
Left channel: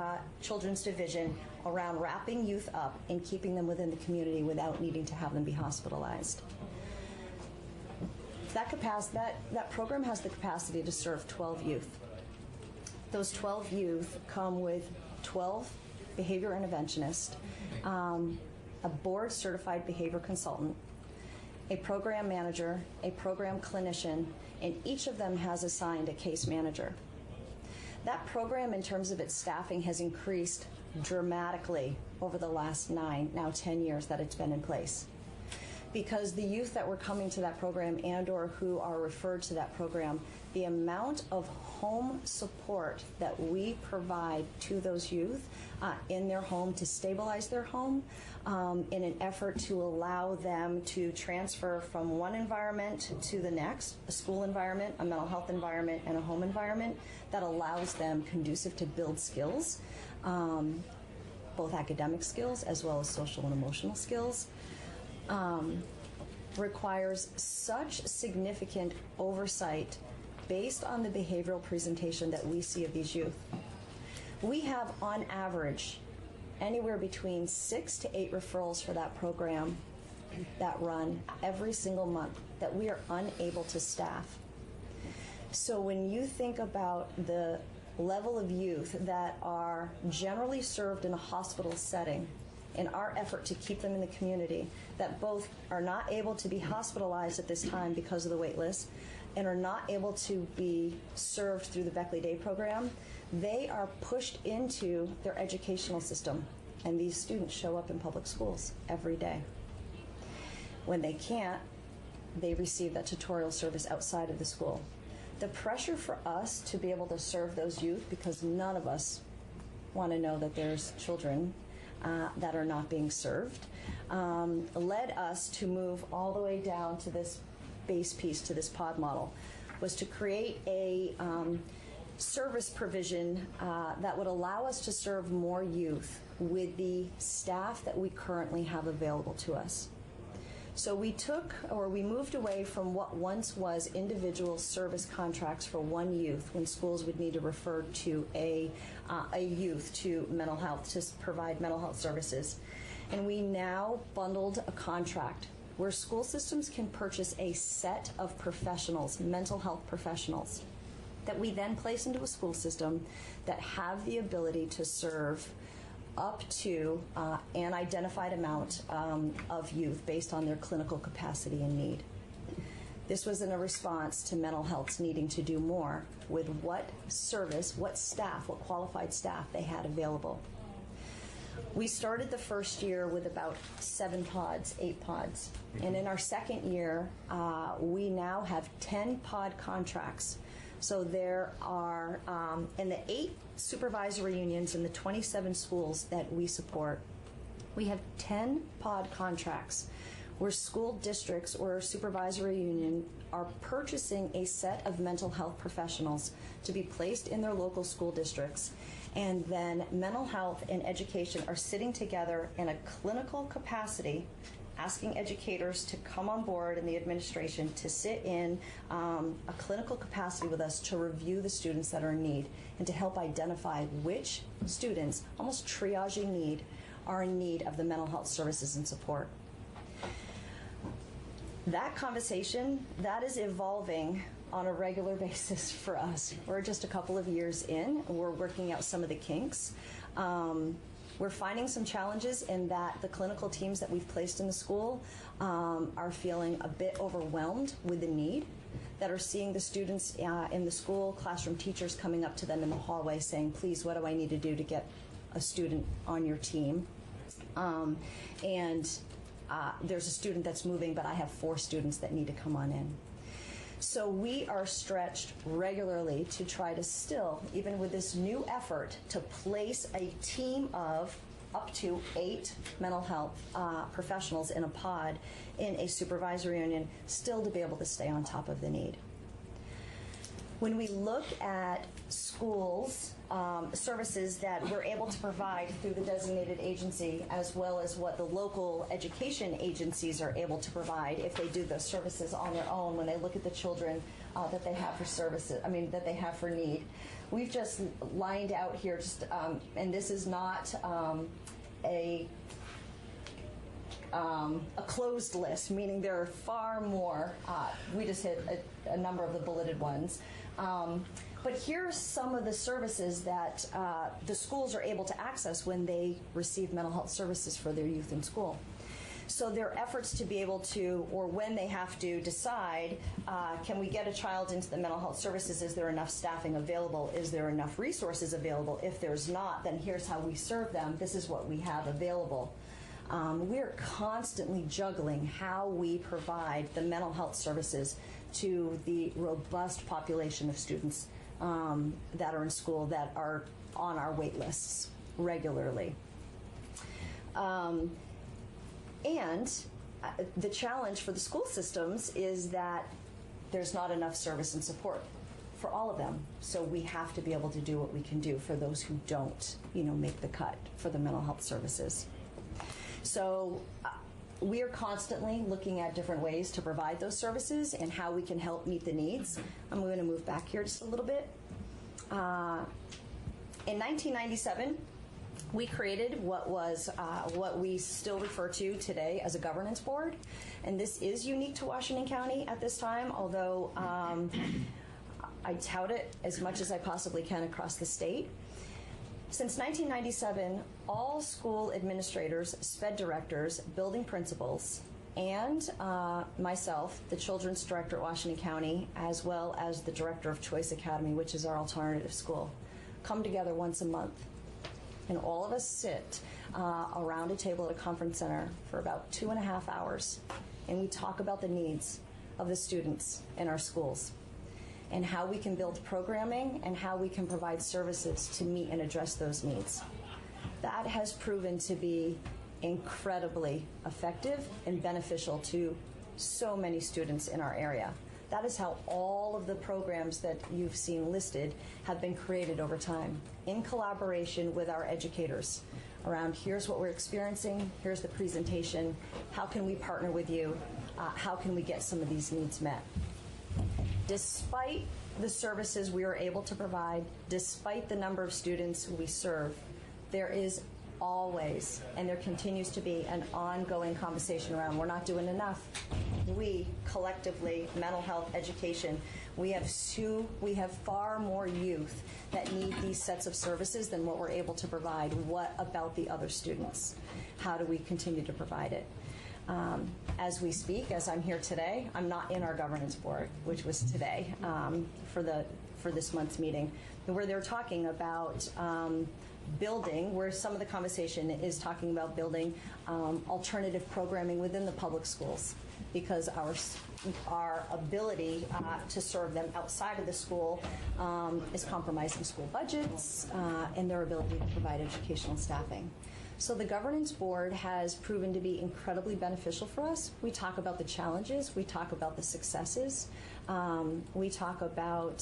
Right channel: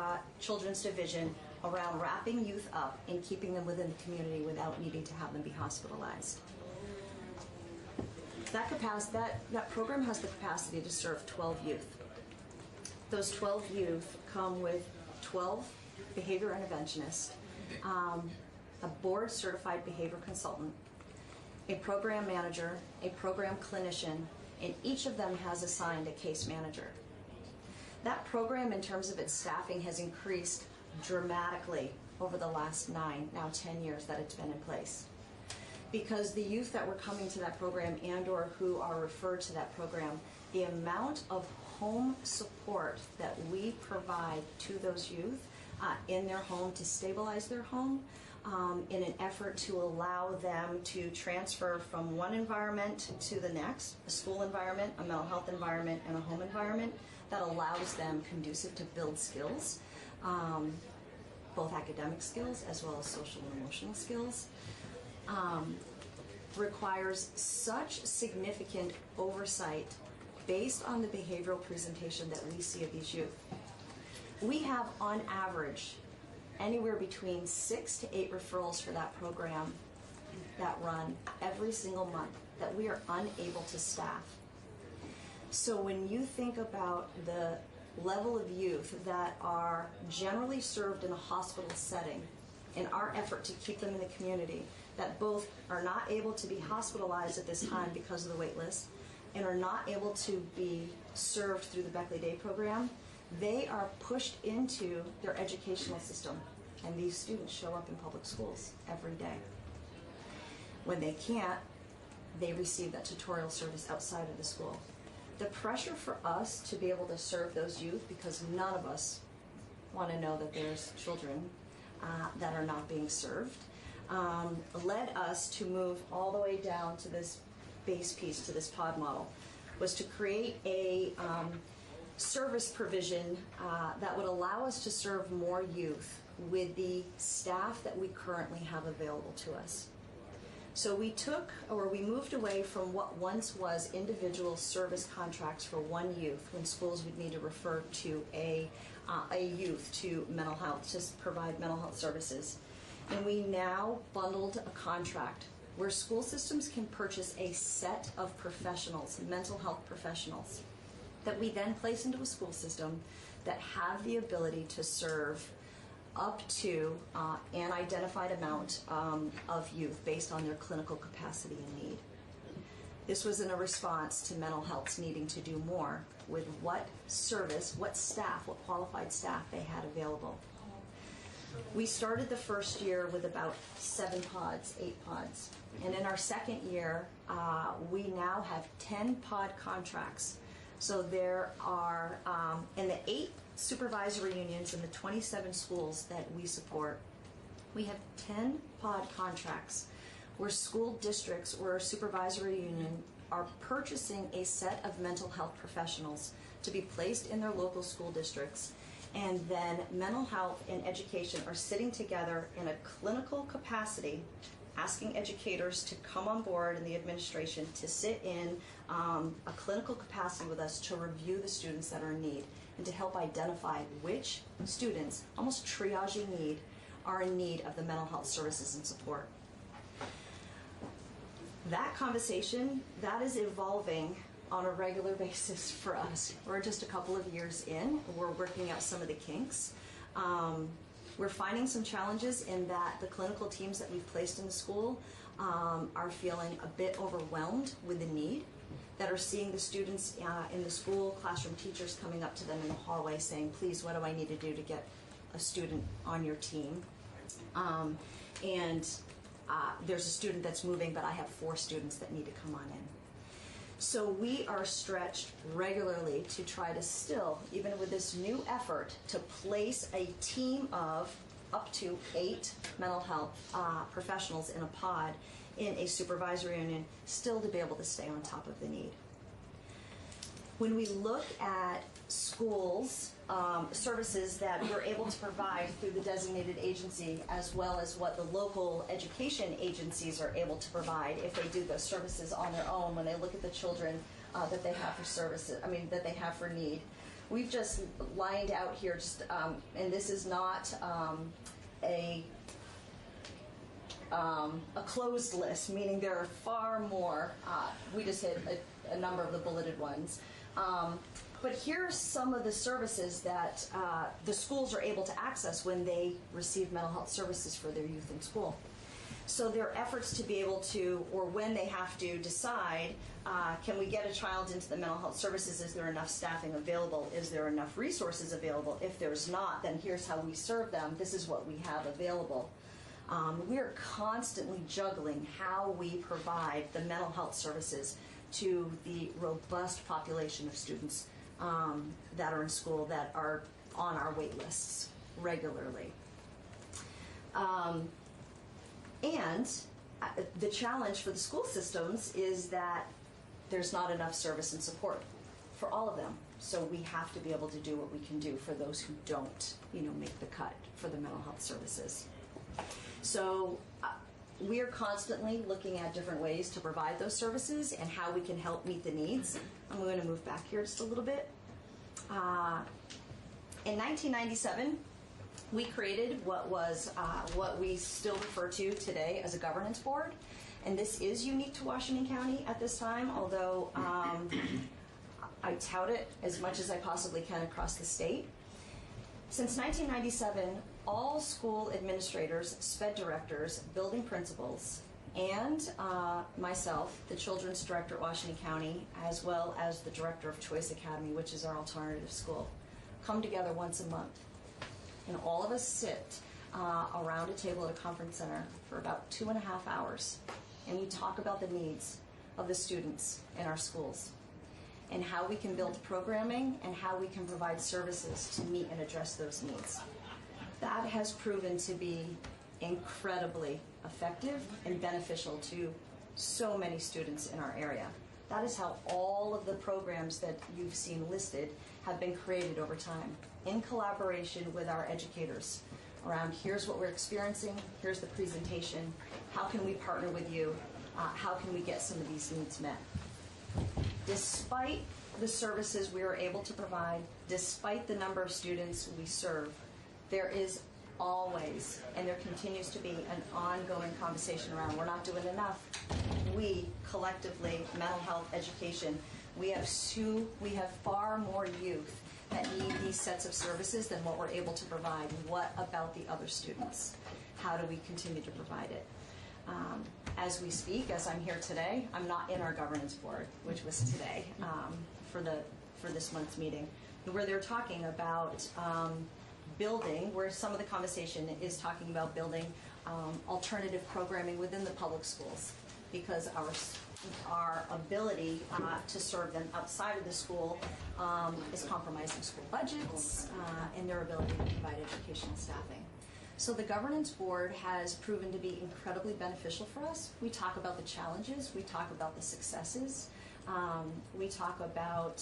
children's division around wrapping youth up and keeping them within the community without needing to have them be hospitalized. That program has the capacity to serve 12 youth. Those 12 youth come with 12 behavior interventionists, a board-certified behavior consultant, a program manager, a program clinician, and each of them has assigned a case manager. That program, in terms of its staffing, has increased dramatically over the last 9, now 10 years that it's been in place. Because the youth that were coming to that program and or who are referred to that program, the amount of home support that we provide to those youth in their home to stabilize their home in an effort to allow them to transfer from one environment to the next, a school environment, a mental health environment, and a home environment that allows them conducive to build skills, both academic skills as well as social and emotional skills, requires such significant oversight based on the behavioral presentation that we see of these youth. We have, on average, anywhere between 6 to 8 referrals for that program that run every single month that we are unable to staff. So when you think about the level of youth that are generally served in a hospital setting, in our effort to keep them in the community, that both are not able to be hospitalized at this time because of the wait list and are not able to be served through the Beckley Day program, they are pushed into their educational system, and these students show up in public schools every day. When they can't, they receive that tutorial service outside of the school. The pressure for us to be able to serve those youth, because none of us want to know that there's children that are not being served, led us to move all the way down to this base piece, to this pod model, was to create a service provision that would allow us to serve more youth with the staff that we currently have available to us. So we moved away from what once was individual service contracts for one youth, when schools would need to refer to a youth to mental health, to provide mental health services. And we now bundled a contract where school systems can purchase a set of professionals, mental health professionals, that we then place into a school system that have the ability to serve up to an identified amount of youth based on their clinical capacity and need. This was in a response to mental health's needing to do more with what service, what staff, what qualified staff they had available. We started the first year with about 7 pods, 8 pods. And in our second year, we now have 10 pod contracts. So there are, in the 8 supervisory unions in the 27 schools that we support, we have 10 pod contracts where school districts or a supervisory union are purchasing a set of mental health professionals to be placed in their local school districts. And then mental health and education are sitting together in a clinical capacity, asking educators to come on board and the administration to sit in a clinical capacity with us to review the students that are in need and to help identify which students, almost triaging need, are in need of the mental health services and support. That conversation, that is evolving on a regular basis for us. We're just a couple of years in, and we're working out some of the kinks. We're finding some challenges in that the clinical teams that we've placed in the school are feeling a bit overwhelmed with the need, that are seeing the students in the school, classroom teachers coming up to them in the hallway saying, please, what do I need to do to get a student on your team? There's a student that's moving, but I have 4 students that need to come on in. So we are stretched regularly to try to still, even with this new effort, to place a team of up to 8 mental health professionals in a pod in a supervisory union, still to be able to stay on top of the need. When we look at schools, services that we're able to provide through the designated agency, as well as what the local education agencies are able to provide if they do the services on their own, when they look at the children that they have for services, that they have for need. We've just lined out here, and this is not a closed list, meaning there are far more. We just hit a number of the bulleted ones. But here are some of the services that the schools are able to access when they receive mental health services for their youth in school. So their efforts to be able to, or when they have to decide, can we get a child into the mental health services? Is there enough staffing available? Is there enough resources available? If there's not, then here's how we serve them. This is what we have available. We're constantly juggling how we provide the mental health services to the robust population of students that are in school that are on our wait lists regularly. And the challenge for the school systems is that there's not enough service and support for all of them. So we have to be able to do what we can do for those who don't, make the cut for the mental health services. So we're constantly looking at different ways to provide those services and how we can help meet the needs. I'm going to move back here just a little bit. In 1997, we created what we still refer to today as a governance board, and this is unique to Washington County at this time, although I tout it as much as I possibly can across the state. Since 1997, all school administrators, SPED directors, building principals, and myself, the children's director at Washington County, as well as the director of Choice Academy, which is our alternative school, come together once a month. And all of us sit around a table at a conference center for about 2.5 hours, and we talk about the needs of the students in our schools and how we can build programming and how we can provide services to meet and address those needs. That has proven to be incredibly effective and beneficial to so many students in our area. That is how all of the programs that you've seen listed have been created over time, in collaboration with our educators around here's what we're experiencing, here's the presentation, how can we partner with you, how can we get some of these needs met. Despite the services we are able to provide, despite the number of students we serve, there is always, and there continues to be, an ongoing conversation around we're not doing enough. We collectively, mental health, education, we have far more youth that need these sets of services than what we're able to provide. What about the other students? How do we continue to provide it? As we speak, as I'm here today, I'm not in our governance board, which was today for this month's meeting, where they're talking about building, where some of the conversation is talking about building alternative programming within the public schools, because our ability to serve them outside of the school is compromising school budgets and their ability to provide educational staffing. So the governance board has proven to be incredibly beneficial for us. We talk about the challenges, we talk about the successes, we talk about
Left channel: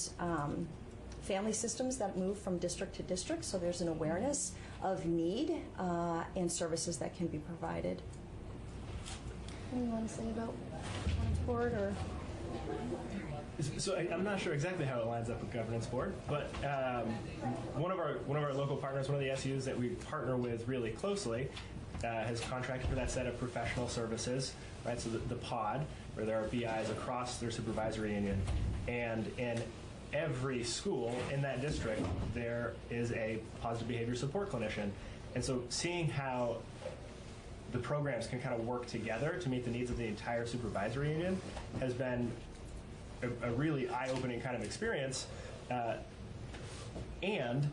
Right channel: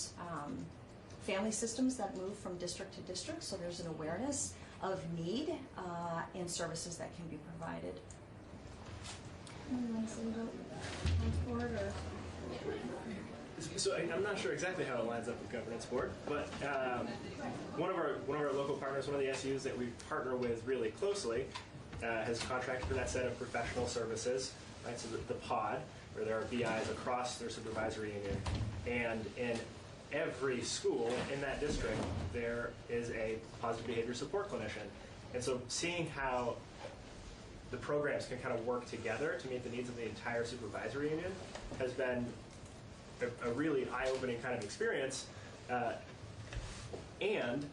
family systems that move from district to district, so there's an awareness of need and services that can be provided. Can you let us say about board or? So I'm not sure exactly how it lines up with governance board, but one of our local partners, one of the SUs that we partner with really closely, has contracted for that set of professional services, right? So the pod, where there are BIs across their supervisory union, and in every school in that district there is a positive behavior support clinician, and so seeing how the programs can kind of work together to meet the needs of the entire supervisory union has been a really eye-opening kind of experience, and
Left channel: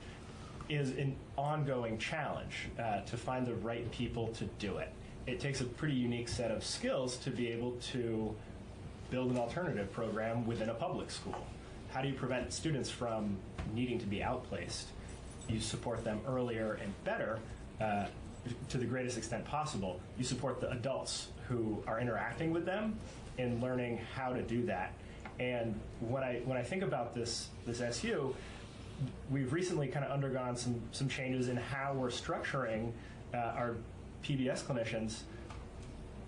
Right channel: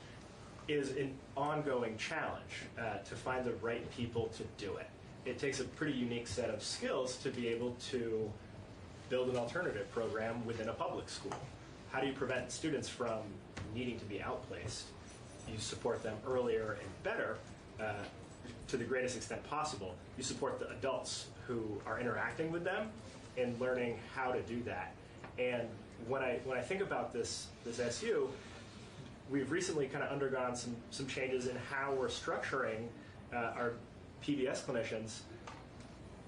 is an ongoing challenge to find the right people to do it. It takes a pretty unique set of skills to be able to build an alternative program within a public school. How do you prevent students from needing to be outplaced? You support them earlier and better to the greatest extent possible. You support the adults who are interacting with them and learning how to do that. And when I think about this SU, we've recently kind of undergone some changes in how we're structuring our PBS clinicians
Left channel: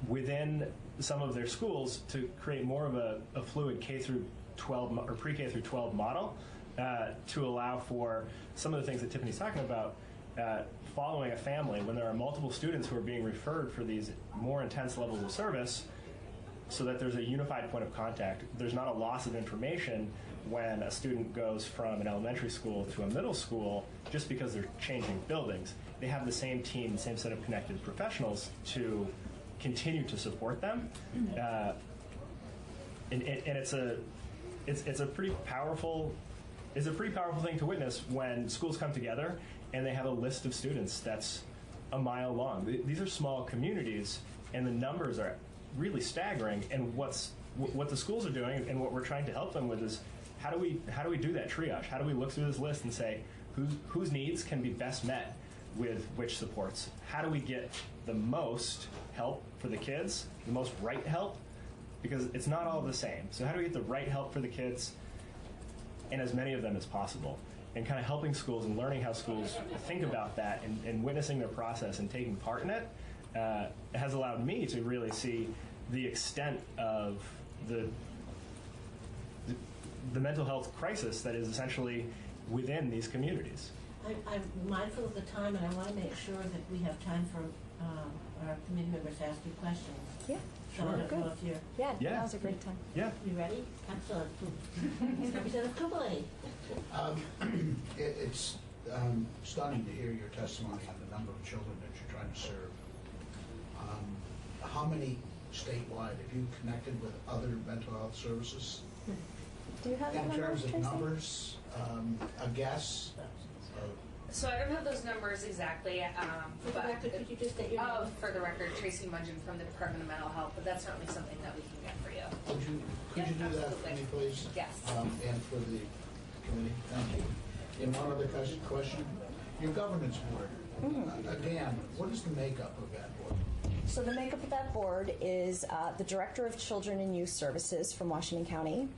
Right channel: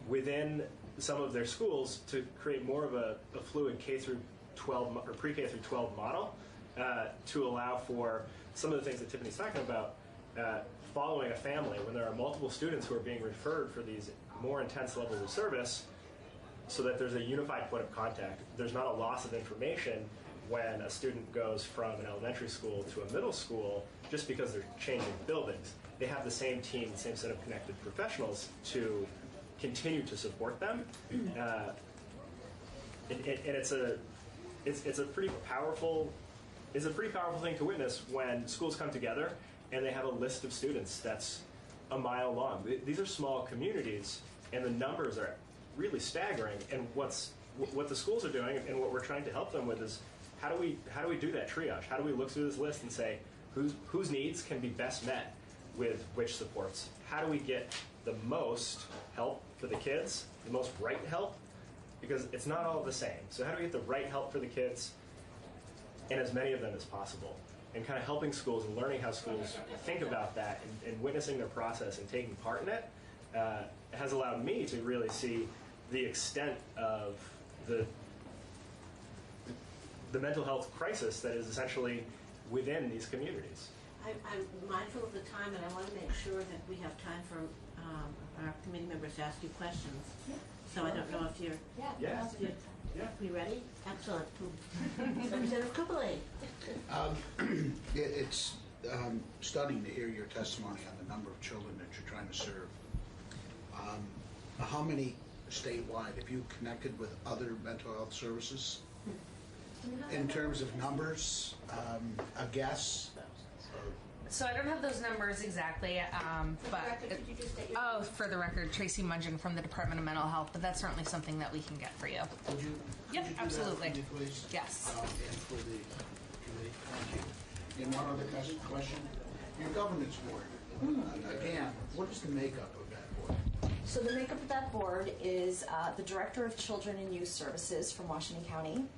within some of their schools to create more of a fluid K through 12 or pre-K through 12 model to allow for some of the things that Tiffany's talking about, following a family when there are multiple students who are being referred for these more intense levels of service, so that there's a unified point of contact. There's not a loss of information when a student goes from an elementary school to a middle school just because they're changing buildings. They have the same team, the same set of connected professionals to continue to support them. And it's a pretty powerful thing to witness when schools come together and they have a list of students that's a mile long. These are small communities, and the numbers are really staggering. And what the schools are doing, and what we're trying to help them with, is how do we do that triage? How do we look through this list and say whose needs can be best met with which supports? How do we get the most help for the kids, the most right help? Because it's not all the same. So how do we get the right help for the kids and as many of them as possible? And kind of helping schools and learning how schools think about that and witnessing their process and taking part in it has allowed me to really see the extent of the mental health crisis that is essentially within these communities. I'm mindful of the time, and I want to make sure that we have time for our committee members to ask you questions. Yeah. So I don't know if you're... Yeah, Yeah. now's a great time. Yeah. You ready? Excellent. Representative Kublai. It's stunning to hear your testimony on the number of children that you're trying to serve. How many statewide have you connected with other mental health services? Do you have that In terms of Tracy? numbers, a guess? So I don't have those numbers exactly, but Could you just state your name? for the record, Tracy Mudgeon from the Department of Mental Health, but that's certainly something that we can get for you. Could you Yep, do that absolutely. for me, please? Yes. And for the committee, thank you. And one other question, your governance board, again, what is the makeup of that board? So the makeup of that board is the Director of Children and Youth Services from Washington County,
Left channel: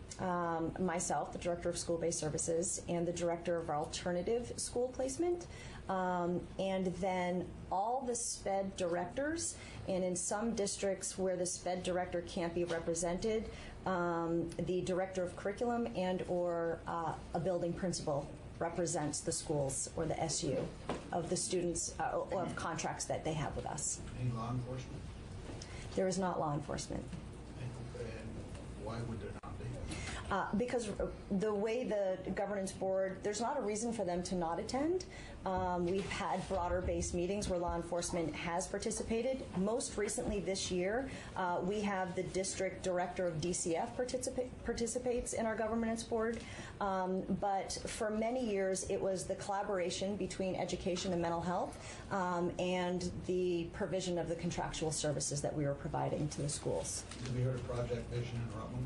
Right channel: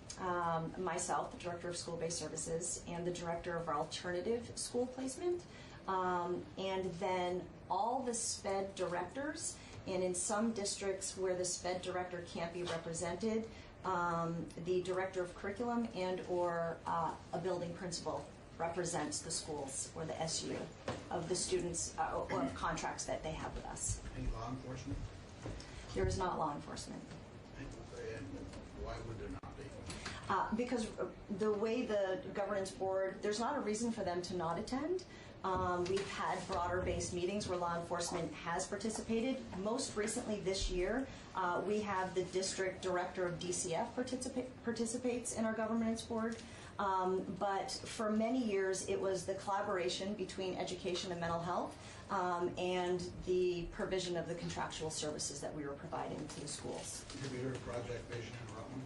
myself, the Director of School-Based Services, and the Director of Alternative School Placement, and then all the SPED directors, and in some districts where the SPED director can't be represented, the Director of Curriculum and or a building principal represents the schools or the SU of the students or of contracts that they have with us. Any law enforcement? There is not law enforcement. And why would there not be? Because the way the governance board, there's not a reason for them to not attend. We've had broader based meetings where law enforcement has participated. Most recently this year, we have the district director of DCF participates in our governance board. But for many years, it was the collaboration between education and mental health and the provision of the contractual services that we were providing to the schools. Have you heard of Project Vision in Rutland?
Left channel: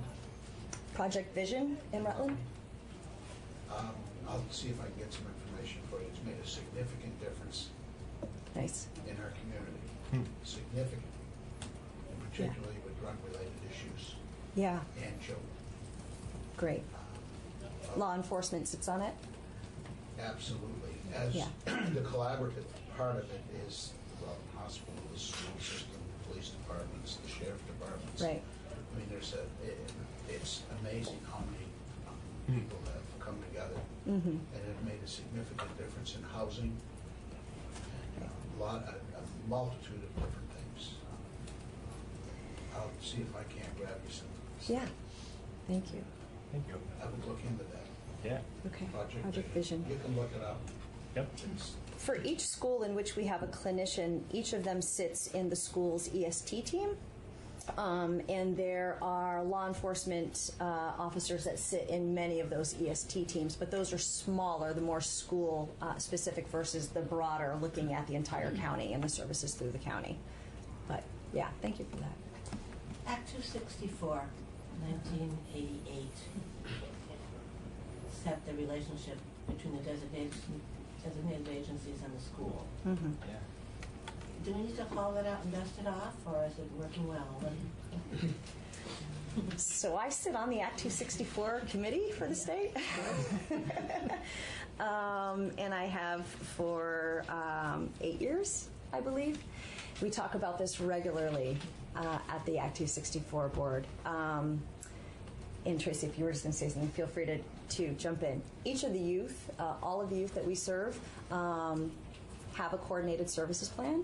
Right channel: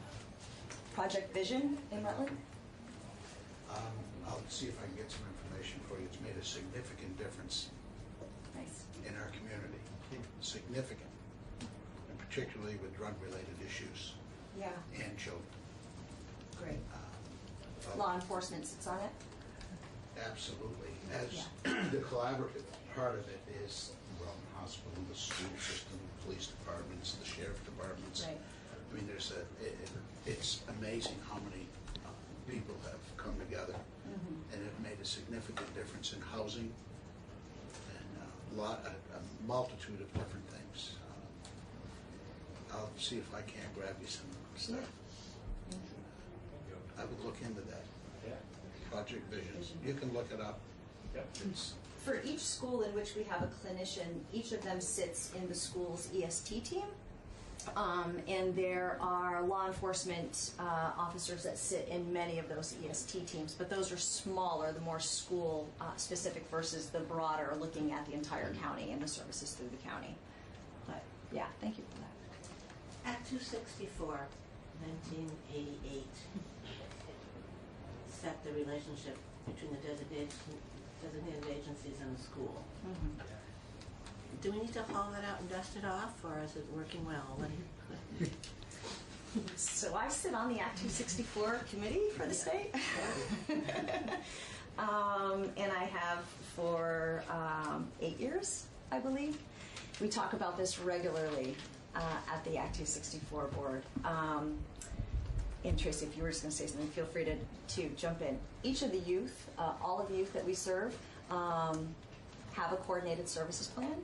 Project Vision in Rutland? I'll see if I can get some information for you. It's made a significant difference Nice. in our community. Significant. And particularly with drug-related issues Yeah, and children. great. Law enforcement sits on it? Absolutely. As Yeah. the collaborative part of it is, well, the hospital, the school system, police departments, the sheriff departments. Right. I mean, it's amazing how many people have come together Mm-hmm. and have made a significant difference in housing and a multitude of different things. I'll see if I can't grab you some. Yeah. Thank you. Thank you. I would look into that. Yeah. Okay. Project Vision. You can look it up. Yep. It's For each school in which we have a clinician, each of them sits in the school's EST team. And there are law enforcement officers that sit in many of those EST teams, but those are smaller, the more school specific versus the broader, looking at the entire county and the services through the county. But yeah, thank you for that. Act 264, 1988, set the relationship between the designated agencies and the school. Mm-hmm. Do we need to follow that out and dust it off, or is it working well? So I sit on the Act 264 committee for the state. And I have for 8 years, I believe. We talk about this regularly at the Act 264 board. And Tracy, if you were just going to say something, feel free to jump in. Each of the youth, all of the youth that we serve, have a coordinated services plan.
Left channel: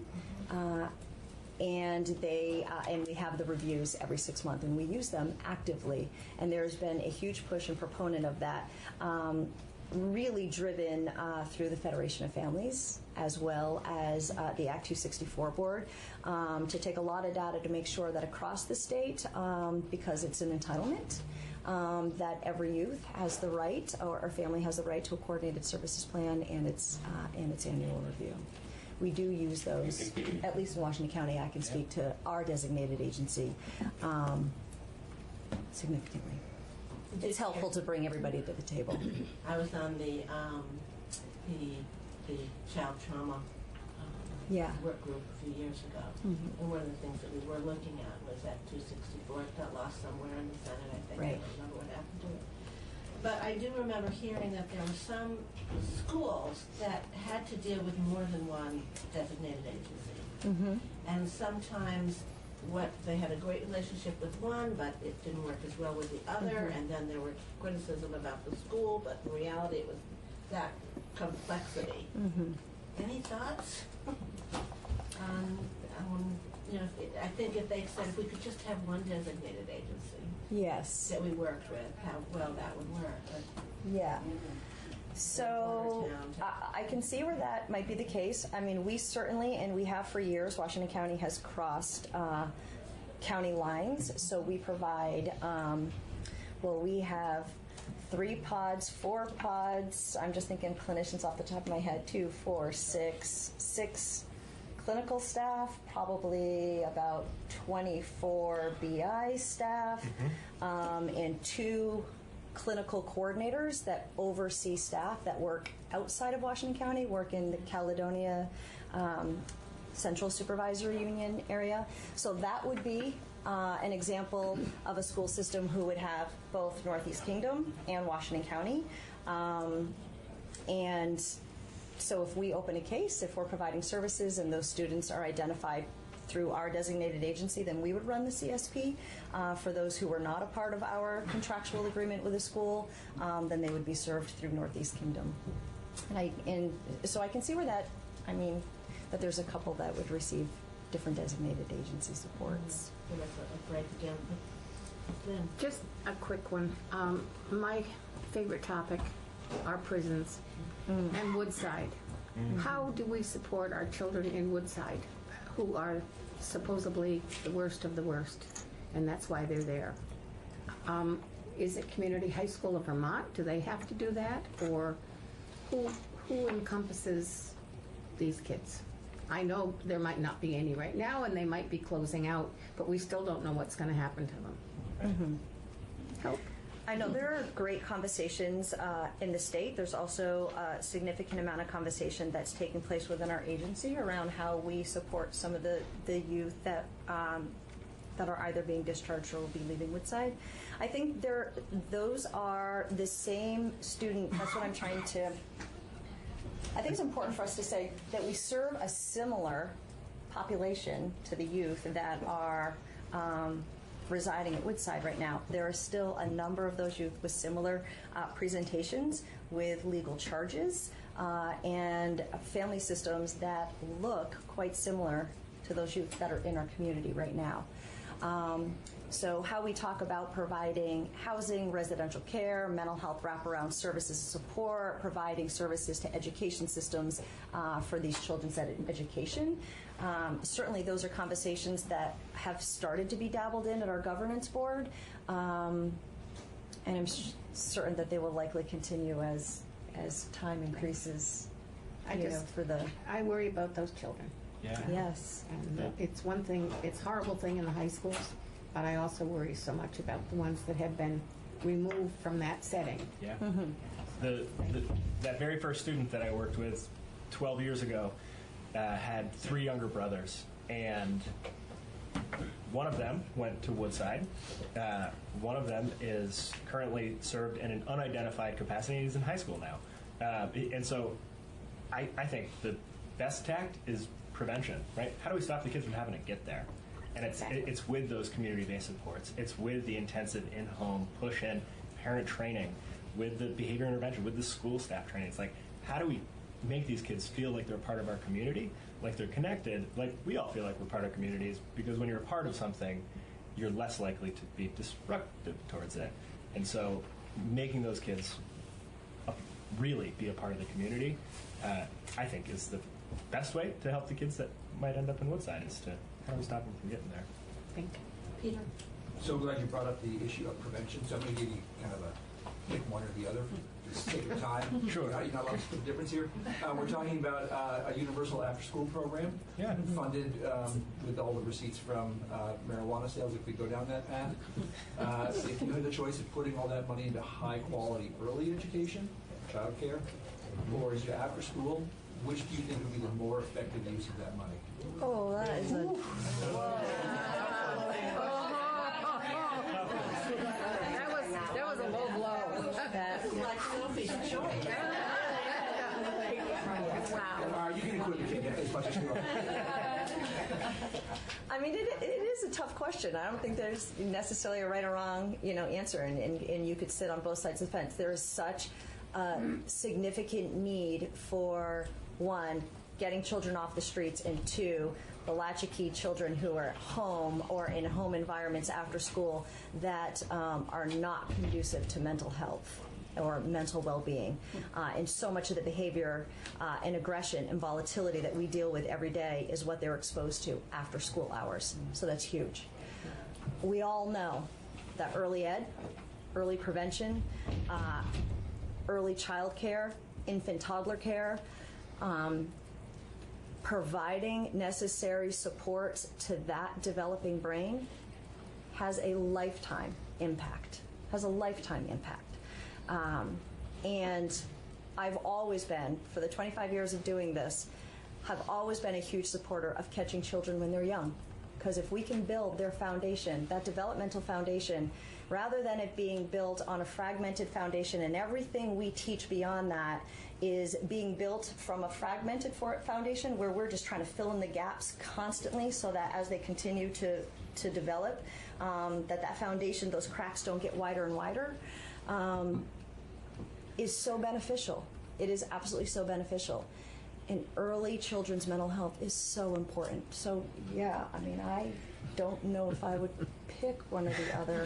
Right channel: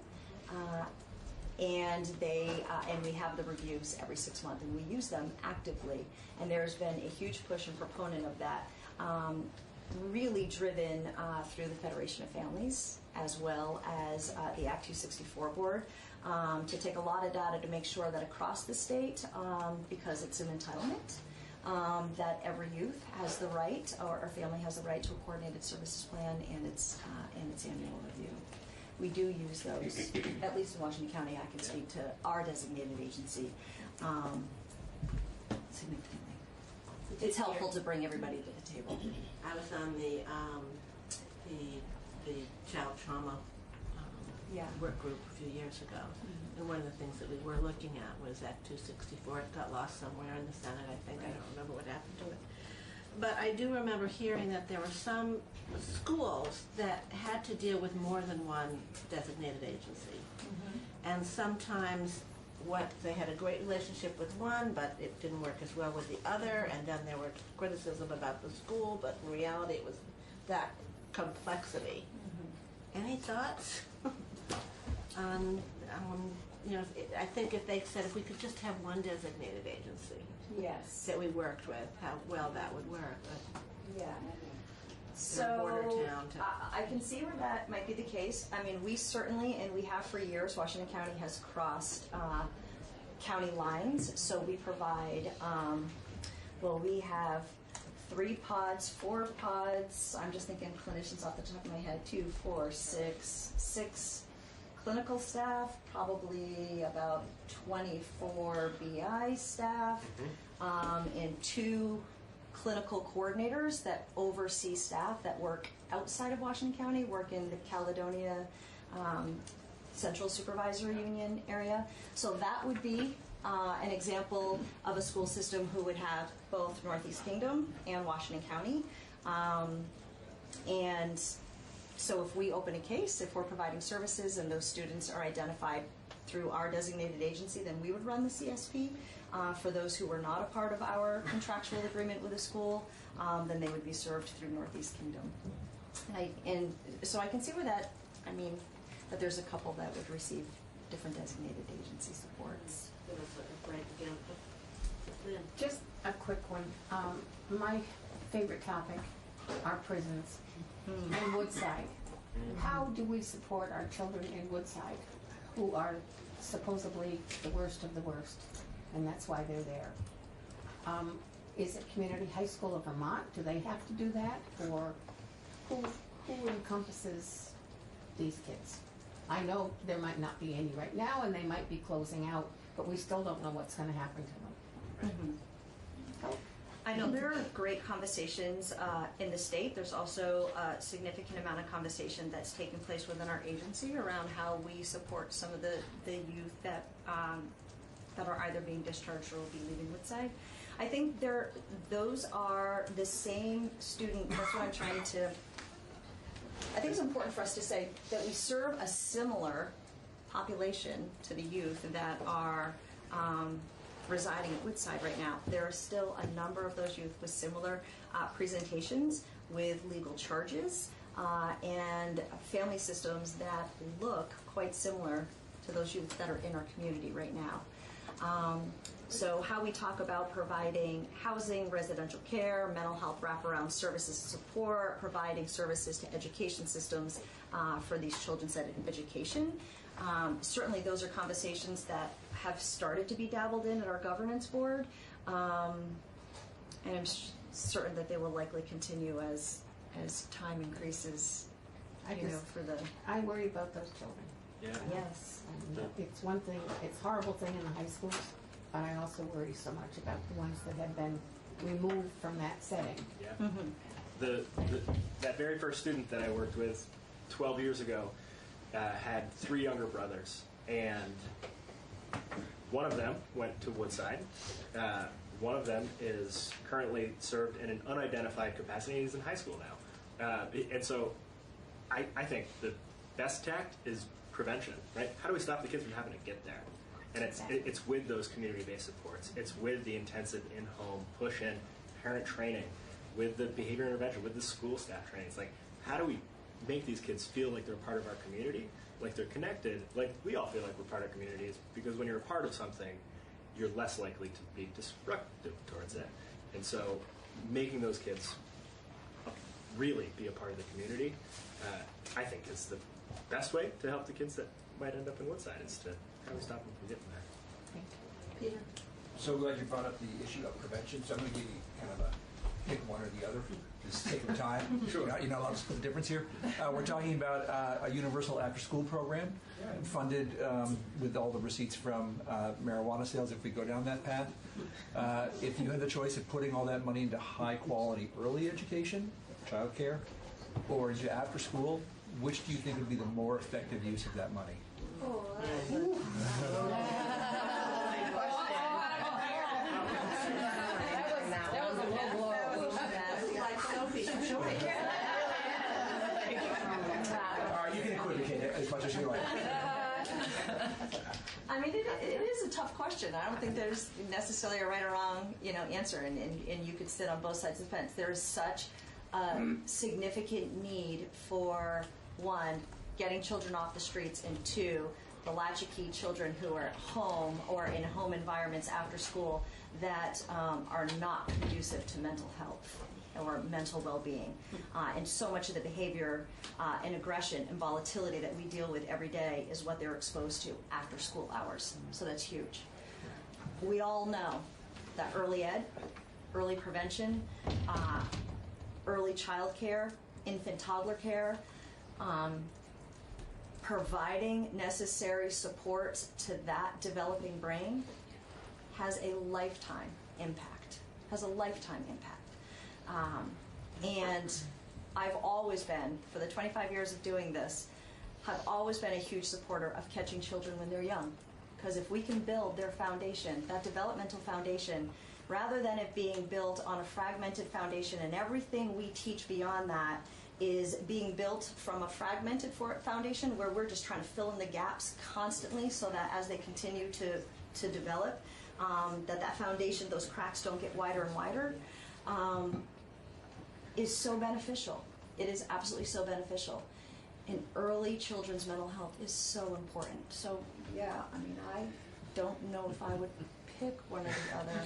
And we have the reviews every 6 months, and we use them actively. And there's been a huge push and proponent of that, really driven through the Federation of Families, as well as the Act 264 board, to take a lot of data to make sure that across the state, because it's an entitlement, that every youth has the right, or family has the right to a coordinated services plan and its annual review. We do use those, at least in Washington County. I can speak to our designated agency significantly. It's helpful to bring everybody to the table. I was on the child trauma work group a few years ago. Mm-hmm. And one of the things that we were looking at was that 264. It got lost somewhere in the Senate, I think. Right. I don't remember what happened to it. But I do remember hearing that there were some schools that had to deal with more than one designated agency. Mm-hmm. And sometimes they had a great relationship with one, but it didn't work as well with the other, and then there were criticism about the school, but in reality it was that complexity. Any thoughts on, I think if they said if we could just have one designated agency Yes. that we worked with, how well that would work. But Yeah. So border town to- I can see where that might be the case. I mean, we certainly, and we have for years, Washington County has crossed county lines. So we provide, we have 3 pods, 4 pods. I'm just thinking clinicians off the top of my head, 2, 4, 6 clinical staff, probably about 24 BI staff, and 2 clinical coordinators that oversee staff that work outside of Washington County, work in the Caledonia Central Supervisory Union area. So that would be an example of a school system who would have both Northeast Kingdom and Washington County. And so if we open a case, if we're providing services and those students are identified through our designated agency, then we would run the CSP. For those who are not a part of our contractual agreement with the school, then they would be served through Northeast Kingdom. And so I can see where that there's a couple that would receive different designated agency supports. Just a quick one. My favorite topic are prisons and Woodside. How do we support our children in Woodside who are supposedly the worst of the worst? And that's why they're there. Is it Community High School of Vermont? Do they have to do that? Or who encompasses these kids? I know there might not be any right now, and they might be closing out, but we still don't know what's going to happen to them. Help. I know there are great conversations in the state. There's also a significant amount of conversation that's taking place within our agency around how we support some of the youth that are either being discharged or will be leaving Woodside. I think those are the same student. That's what I'm trying to. I think it's important for us to say that we serve a similar population to the youth that are residing at Woodside right now. There are still a number of those youth with similar presentations with legal charges and family systems that look quite similar to those youth that are in our community right now. So how we talk about providing housing, residential care, mental health wraparound services and support, providing services to education systems for these children's education. Certainly those are conversations that have started to be dabbled in at our governance board. And I'm certain that they will likely continue as time increases I worry about those children. Yeah. Yes. And it's one thing, it's a horrible thing in the high schools, but I also worry so much about the ones that have been removed from that setting. Yeah. That very first student that I worked with 12 years ago had 3 younger brothers, and one of them went to Woodside. One of them is currently served in an unidentified capacity. He's in high school now. And so I think the best tact is prevention, right? How do we stop the kids from having to get there? And it's with those community-based supports. It's with the intensive in-home push-in parent training, with the behavior intervention, with the school staff training. It's like, how do we make these kids feel like they're a part of our community, like they're connected, like we all feel like we're part of communities, because when you're a part of something, you're less likely to be disruptive towards it. And so making those kids really be a part of the community, I think is the best way to help the kids that might end up in Woodside, is to how do we stop them from getting there. Thank you. Peter? So glad you brought up the issue of prevention. So I'm going to give you kind of a pick one or the other. Just take your time. Sure. I'll split the difference here. We're talking about a universal after-school program funded with all the receipts from marijuana sales if we go down that path. If you had the choice of putting all that money into high-quality early education, child care, or into after-school, which do you think would be the more effective use of that money? Oh, that is that was a low blow. That's like Sophie's choice. You can equivocate that as much as you like. I mean, it is a tough question. I don't think there's necessarily a right or wrong, answer, and you could sit on both sides of the fence. There is such a significant need for, one, getting children off the streets, and two, the latchkey children who are at home or in home environments after school that are not conducive to mental health or mental well-being. And so much of the behavior and aggression and volatility that we deal with every day is what they're exposed to after school hours. So that's huge. We all know that early ed, early prevention, early child care, infant toddler care, providing necessary supports to that developing brain has a lifetime impact, and I've always been, for the 25 years of doing this, have always been a huge supporter of catching children when they're young. Because if we can build their foundation, that developmental foundation, rather than it being built on a fragmented foundation and everything we teach beyond that is being built from a fragmented foundation where we're just trying to fill in the gaps constantly so that as they continue to develop, that foundation, those cracks don't get wider and wider, is so beneficial. It is absolutely so beneficial. And early children's mental health is so important. So yeah, I mean, I don't know if I would pick one or the other.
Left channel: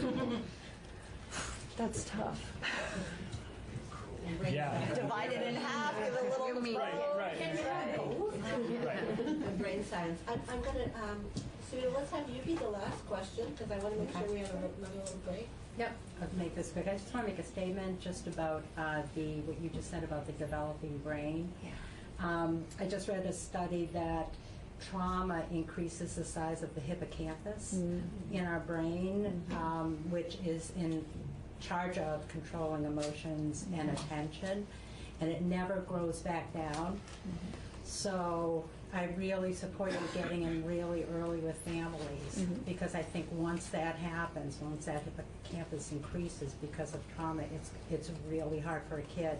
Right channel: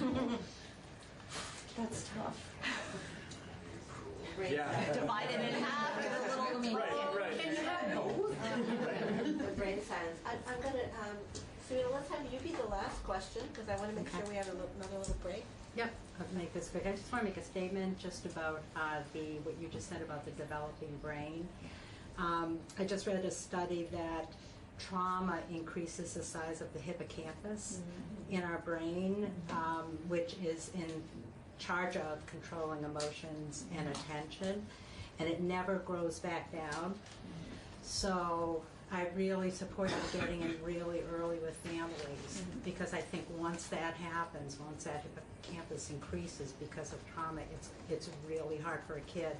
That's tough. Yeah. Divided in half with a little Right. Can you have both? Brain silence. I'm gonna, Sarita, let's have you be the last question, because I want to make sure we have another little break. Yep, I'll make this quick. I just want to make a statement just about what you just said about the developing brain. I just read a study that trauma increases the size of the hippocampus in our brain, which is in charge of controlling emotions and attention, and it never grows back down. So I really supported getting in really early with families, because I think once that happens, once that hippocampus increases because of trauma, it's really hard for a kid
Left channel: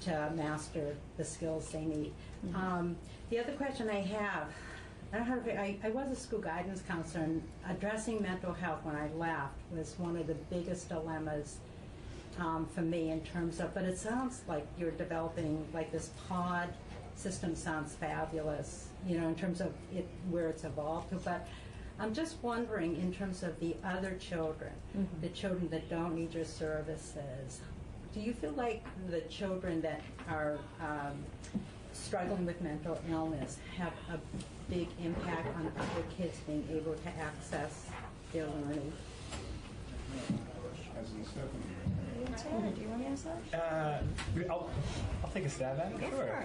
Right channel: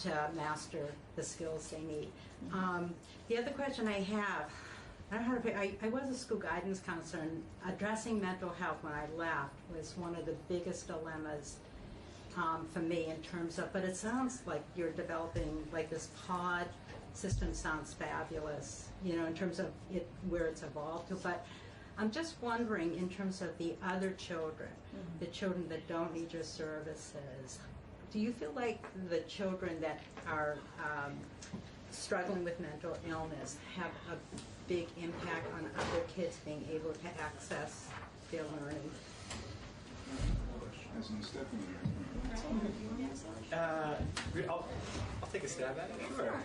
to master the skills they need. The other question I have, I was a school guidance counselor, and addressing mental health when I left was one of the biggest dilemmas for me in terms of, but it sounds like you're developing like this pod system. Sounds fabulous, you know, in terms of it, where it's evolved to, but I'm just wondering in terms of the other children, the children that don't need your services, do you feel like the children that are struggling with mental illness have a big impact on other kids being able to access their learning? I'll take a stab at it. Sure.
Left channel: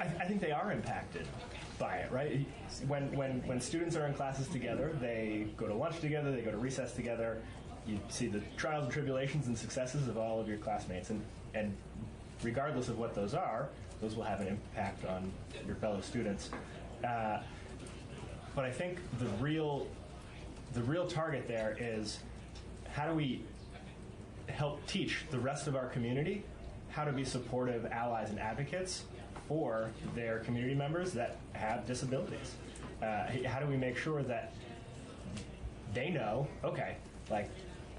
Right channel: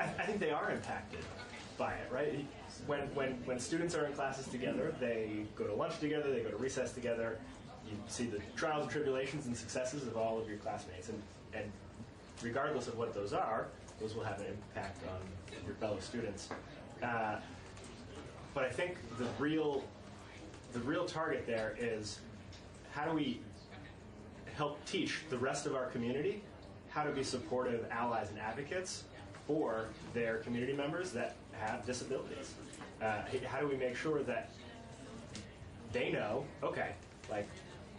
I think they are impacted by it, right? When students are in classes together, they go to lunch together, they go to recess together. You see the trials and tribulations and successes of all of your classmates, and regardless of what those are, those will have an impact on your fellow students. But I think the real target there is, how do we help teach the rest of our community how to be supportive allies and advocates for their community members that have disabilities? How do we make sure that they know, okay, like,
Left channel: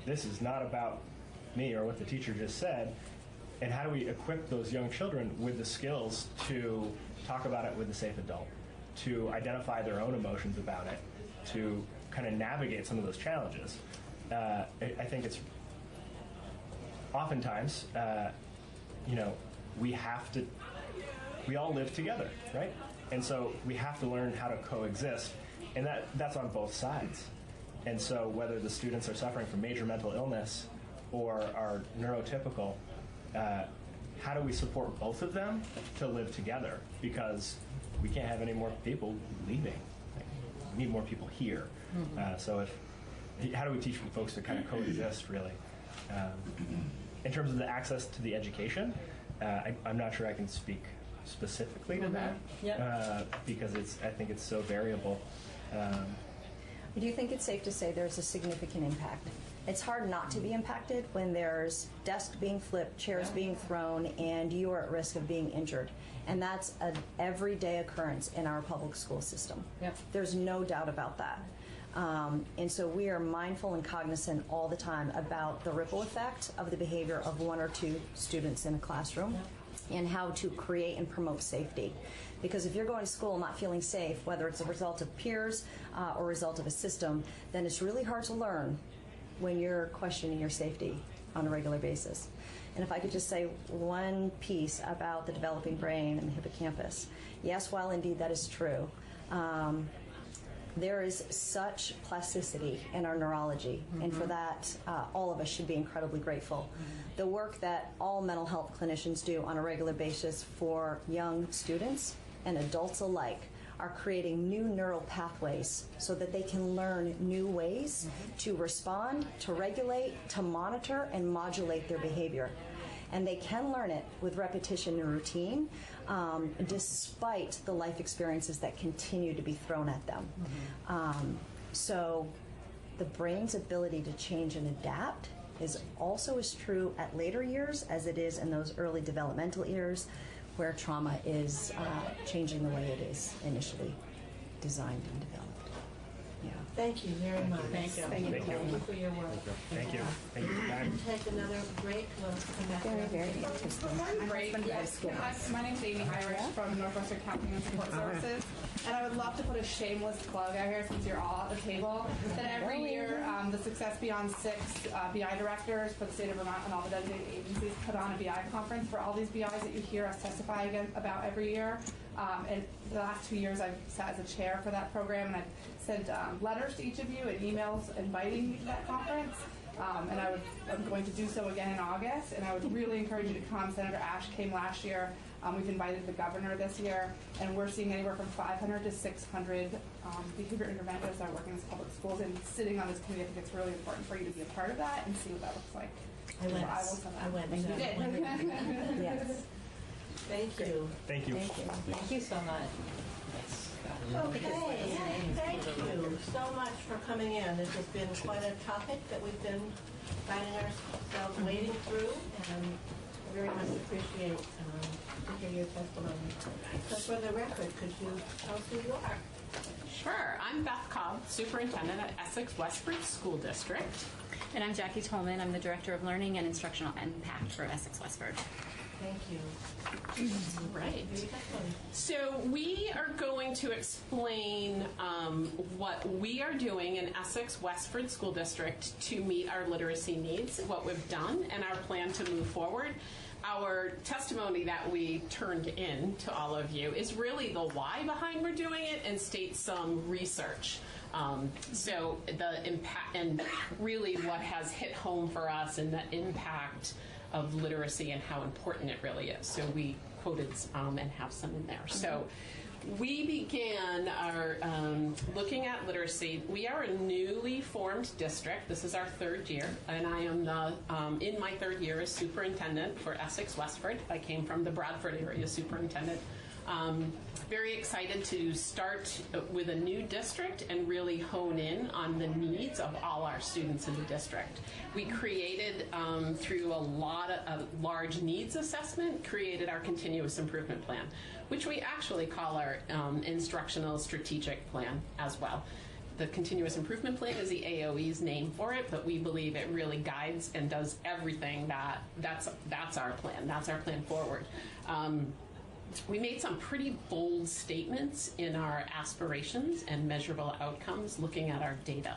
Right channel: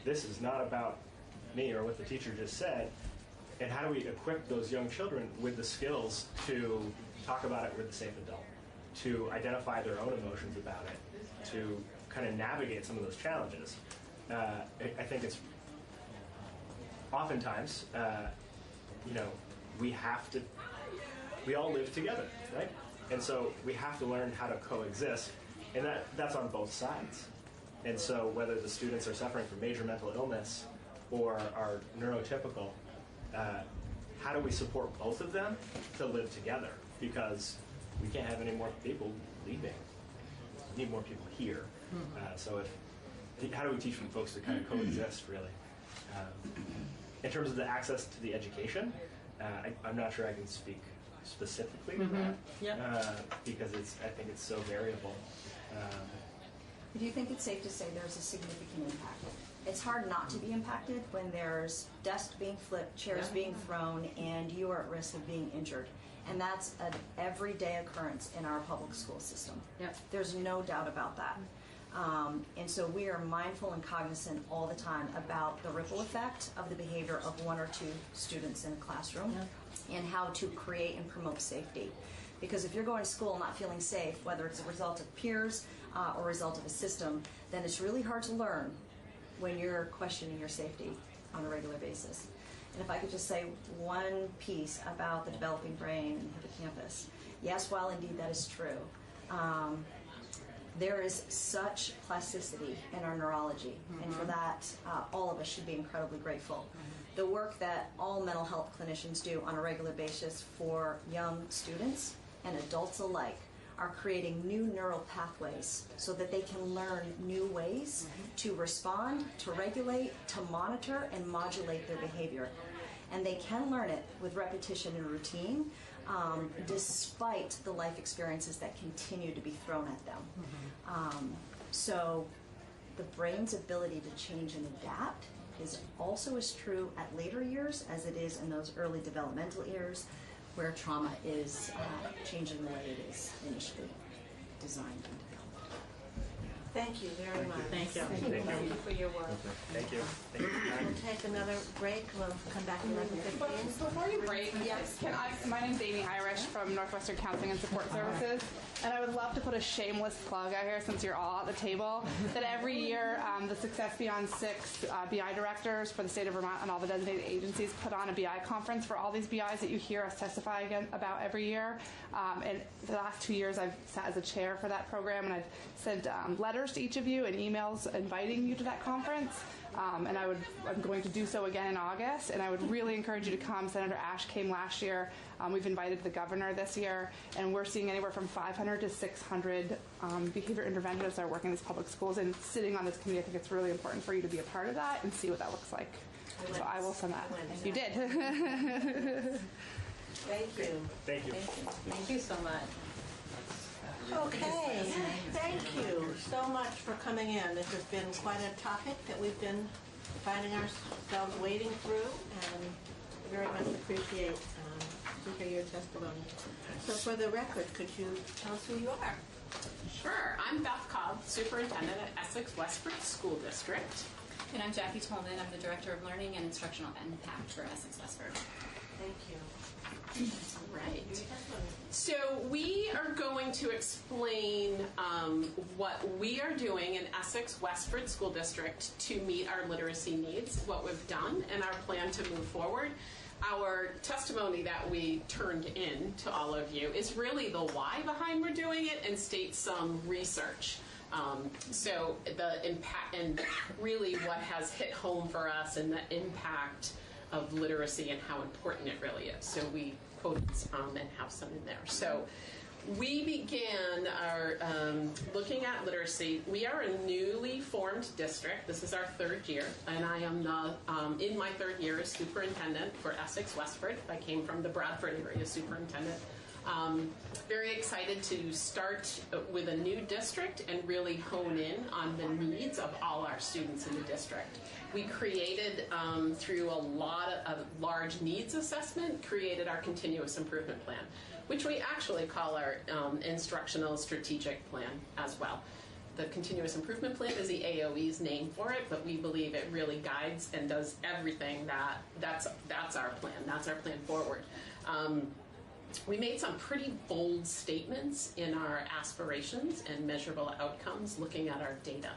this is not about me or what the teacher just said, and how do we equip those young children with the skills to talk about it with a safe adult, to identify their own emotions about it, to kind of navigate some of those challenges? I think it's oftentimes, we all live together, right? And so we have to learn how to coexist, and that's on both sides. And so whether the students are suffering from major mental illness or are neurotypical, how do we support both of them to live together? Because we can't have any more people leaving. We need more people here. So how do we teach folks to kind of coexist, really? In terms of the access to the education, I'm not sure I can speak specifically to that, because I think it's so variable. Do you think it's safe to say there's a significant impact? It's hard not to be impacted when there's desks being flipped, chairs being thrown, and you are at risk of being injured. And that's an everyday occurrence in our public school system. There's no doubt about that. And so we are mindful and cognizant all the time about the ripple effect of the behavior of one or two students in a classroom and how to create and promote safety. Because if you're going to school not feeling safe, whether it's a result of peers or a result of a system, then it's really hard to learn when you're questioning your safety on a regular basis. And if I could just say one piece about the developing brain and the hippocampus. Yes, while indeed that is true, there is such plasticity in our neurology, and for that, all of us should be incredibly grateful. The work that all mental health clinicians do on a regular basis for young students and adults alike are creating new neural pathways so that they can learn new ways to respond, to regulate, to monitor, and modulate their behavior. And they can learn it with repetition and routine, despite the life experiences that continue to be thrown at them. So the brain's ability to change and adapt is also as true at later years as it is in those early developmental years where trauma is changing the way it is initially designed and developed. Thank you very much. Thank you. Thank you for your work. Thank you. We'll take another break. We'll come back. Before we break, yes, my name's Amy Irish from Northwestern Counseling and Support Services, and I would love to put a shameless plug out here since you're all at the table, that every year the Success Beyond 6 BI directors for the state of Vermont and all the designated agencies put on a BI conference for all these BIs that you hear us testify about every year. And the last 2 years I've sat as a chair for that program, and I've sent letters to each of you and emails inviting you to that conference. And I'm going to do so again in August, and I would really encourage you to come. Senator Ash came last year. We've invited the governor this year, and we're seeing anywhere from 500 to 600 behavior interventionists that work in these public schools. And sitting on this committee, I think it's really important for you to be a part of that and see what that looks like. I will send that. And you did. Yes. Thank you. Thank you. Thank you so much. Okay, thank you so much for coming in. This has been quite a topic that we've been finding ourselves wading through, and very much appreciate your testimony. So for the record, could you tell us who you are? Sure. I'm Beth Cobb, Superintendent at Essex Westford School District. And I'm Jackie Tolman. I'm the Director of Learning and Instructional Impact for Essex Westford. Thank you. Right. So we are going to explain what we are doing in Essex Westford School District to meet our literacy needs, what we've done, and our plan to move forward. Our testimony that we turned in to all of you is really the why behind we're doing it and states some research. So the impact and really what has hit home for us and the impact of literacy and how important it really is. So we quoted and have some in there. So we began our looking at literacy. We are a newly formed district. This is our third year, and I am the in my third year as superintendent for Essex Westford. I came from the Bradford area superintendent. Very excited to start with a new district and really hone in on the needs of all our students in the district. We created, through a large needs assessment, created our continuous improvement plan, which we actually call our instructional strategic plan as well. The continuous improvement plan is the AOE's name for it, but we believe it really guides and does everything that's our plan. That's our plan forward. We made some pretty bold statements in our aspirations and measurable outcomes looking at our data.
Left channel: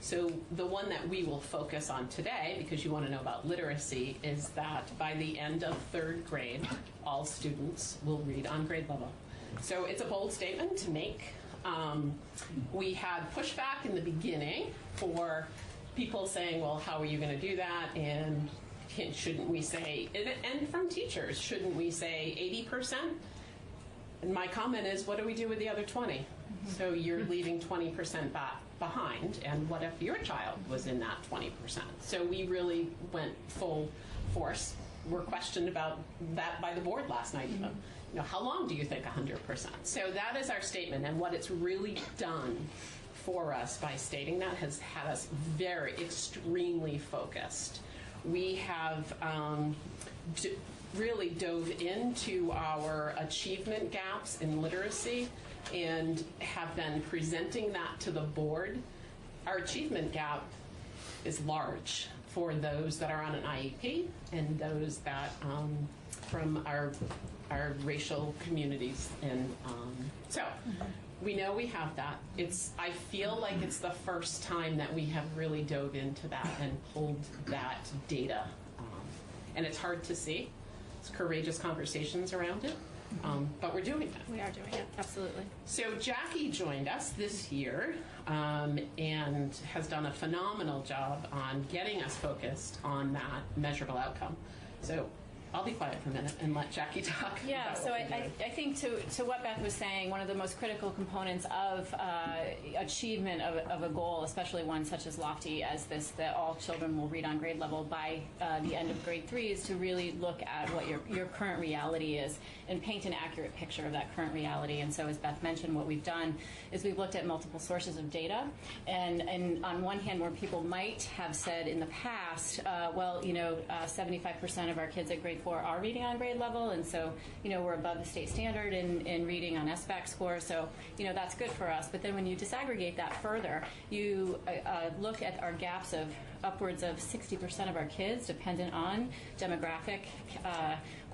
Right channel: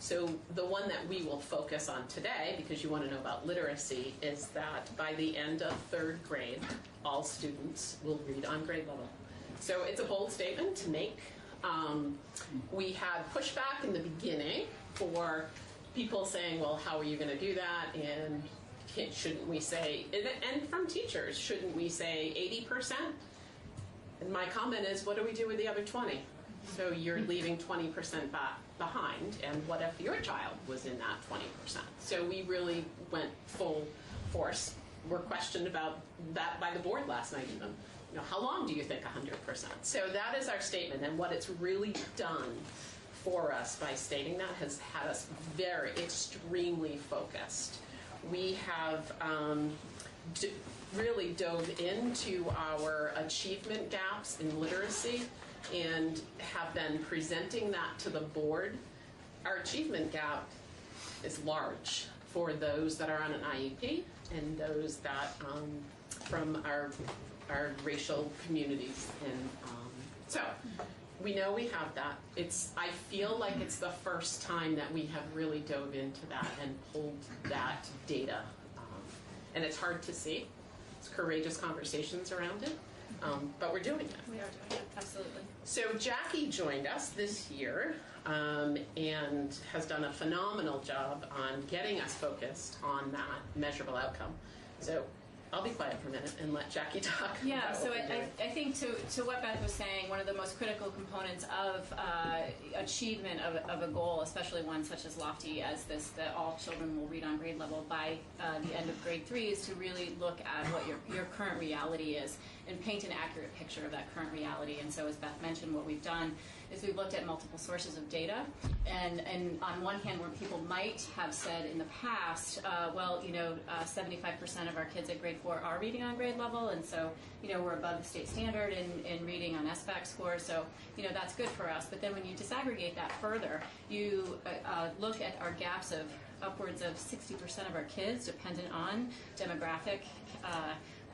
So the one that we will focus on today, because you want to know about literacy, is that by the end of third grade, all students will read on grade level. So it's a bold statement to make. We had pushback in the beginning for people saying, well, how are you going to do that? And shouldn't we say, and from teachers, shouldn't we say 80%? And my comment is, what do we do with the other 20? So you're leaving 20% behind, and what if your child was in that 20%? So we really went full force. We're questioned about that by the board last night even. You know, how long do you think 100%? So that is our statement, and what it's really done for us by stating that has had us very extremely focused. We have really dove into our achievement gaps in literacy and have been presenting that to the board our achievement gap is large for those that are on an IEP and those that from our racial communities. And so we know we have that. I feel like it's the first time that we have really dove into that and pulled that data. And it's hard to see. It's courageous conversations around it. But we're doing that. We are doing it, absolutely. So Jackie joined us this year and has done a phenomenal job on getting us focused on that measurable outcome. So I'll be quiet for a minute and let Jackie talk. Yeah, about so what we're doing. I think to what Beth was saying, one of the most critical components of achievement of a goal, especially one such as lofty as this, that all children will read on grade level by the end of grade 3, is to really look at what your current reality is and paint an accurate picture of that current reality. And so as Beth mentioned, what we've done is we've looked at multiple sources of data. And on one hand, where people might have said in the past, 75% of our kids at grade 4 are reading on grade level, and so, we're above the state standard in reading on SBAC score, so, that's good for us. But then when you disaggregate that further, you look at our gaps of upwards of 60% of our kids, dependent on demographic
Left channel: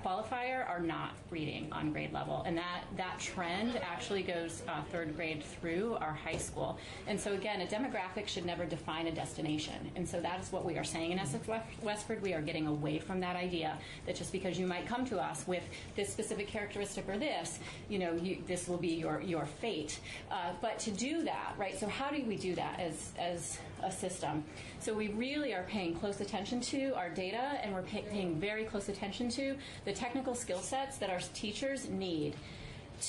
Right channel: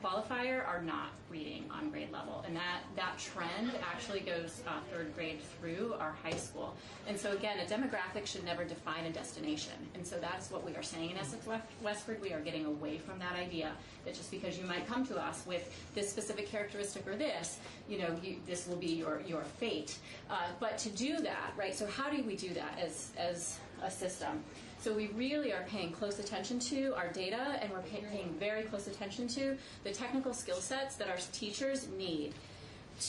qualifier, are not reading on grade level. And that trend actually goes third grade through our high school. And so again, a demographic should never define a destination. And so that is what we are saying in Essex Westford. We are getting away from that idea that just because you might come to us with this specific characteristic or this, this will be your fate. But to do that, right, so how do we do that as a system? So we really are paying close attention to our data, and we're paying very close attention to the technical skill sets that our teachers need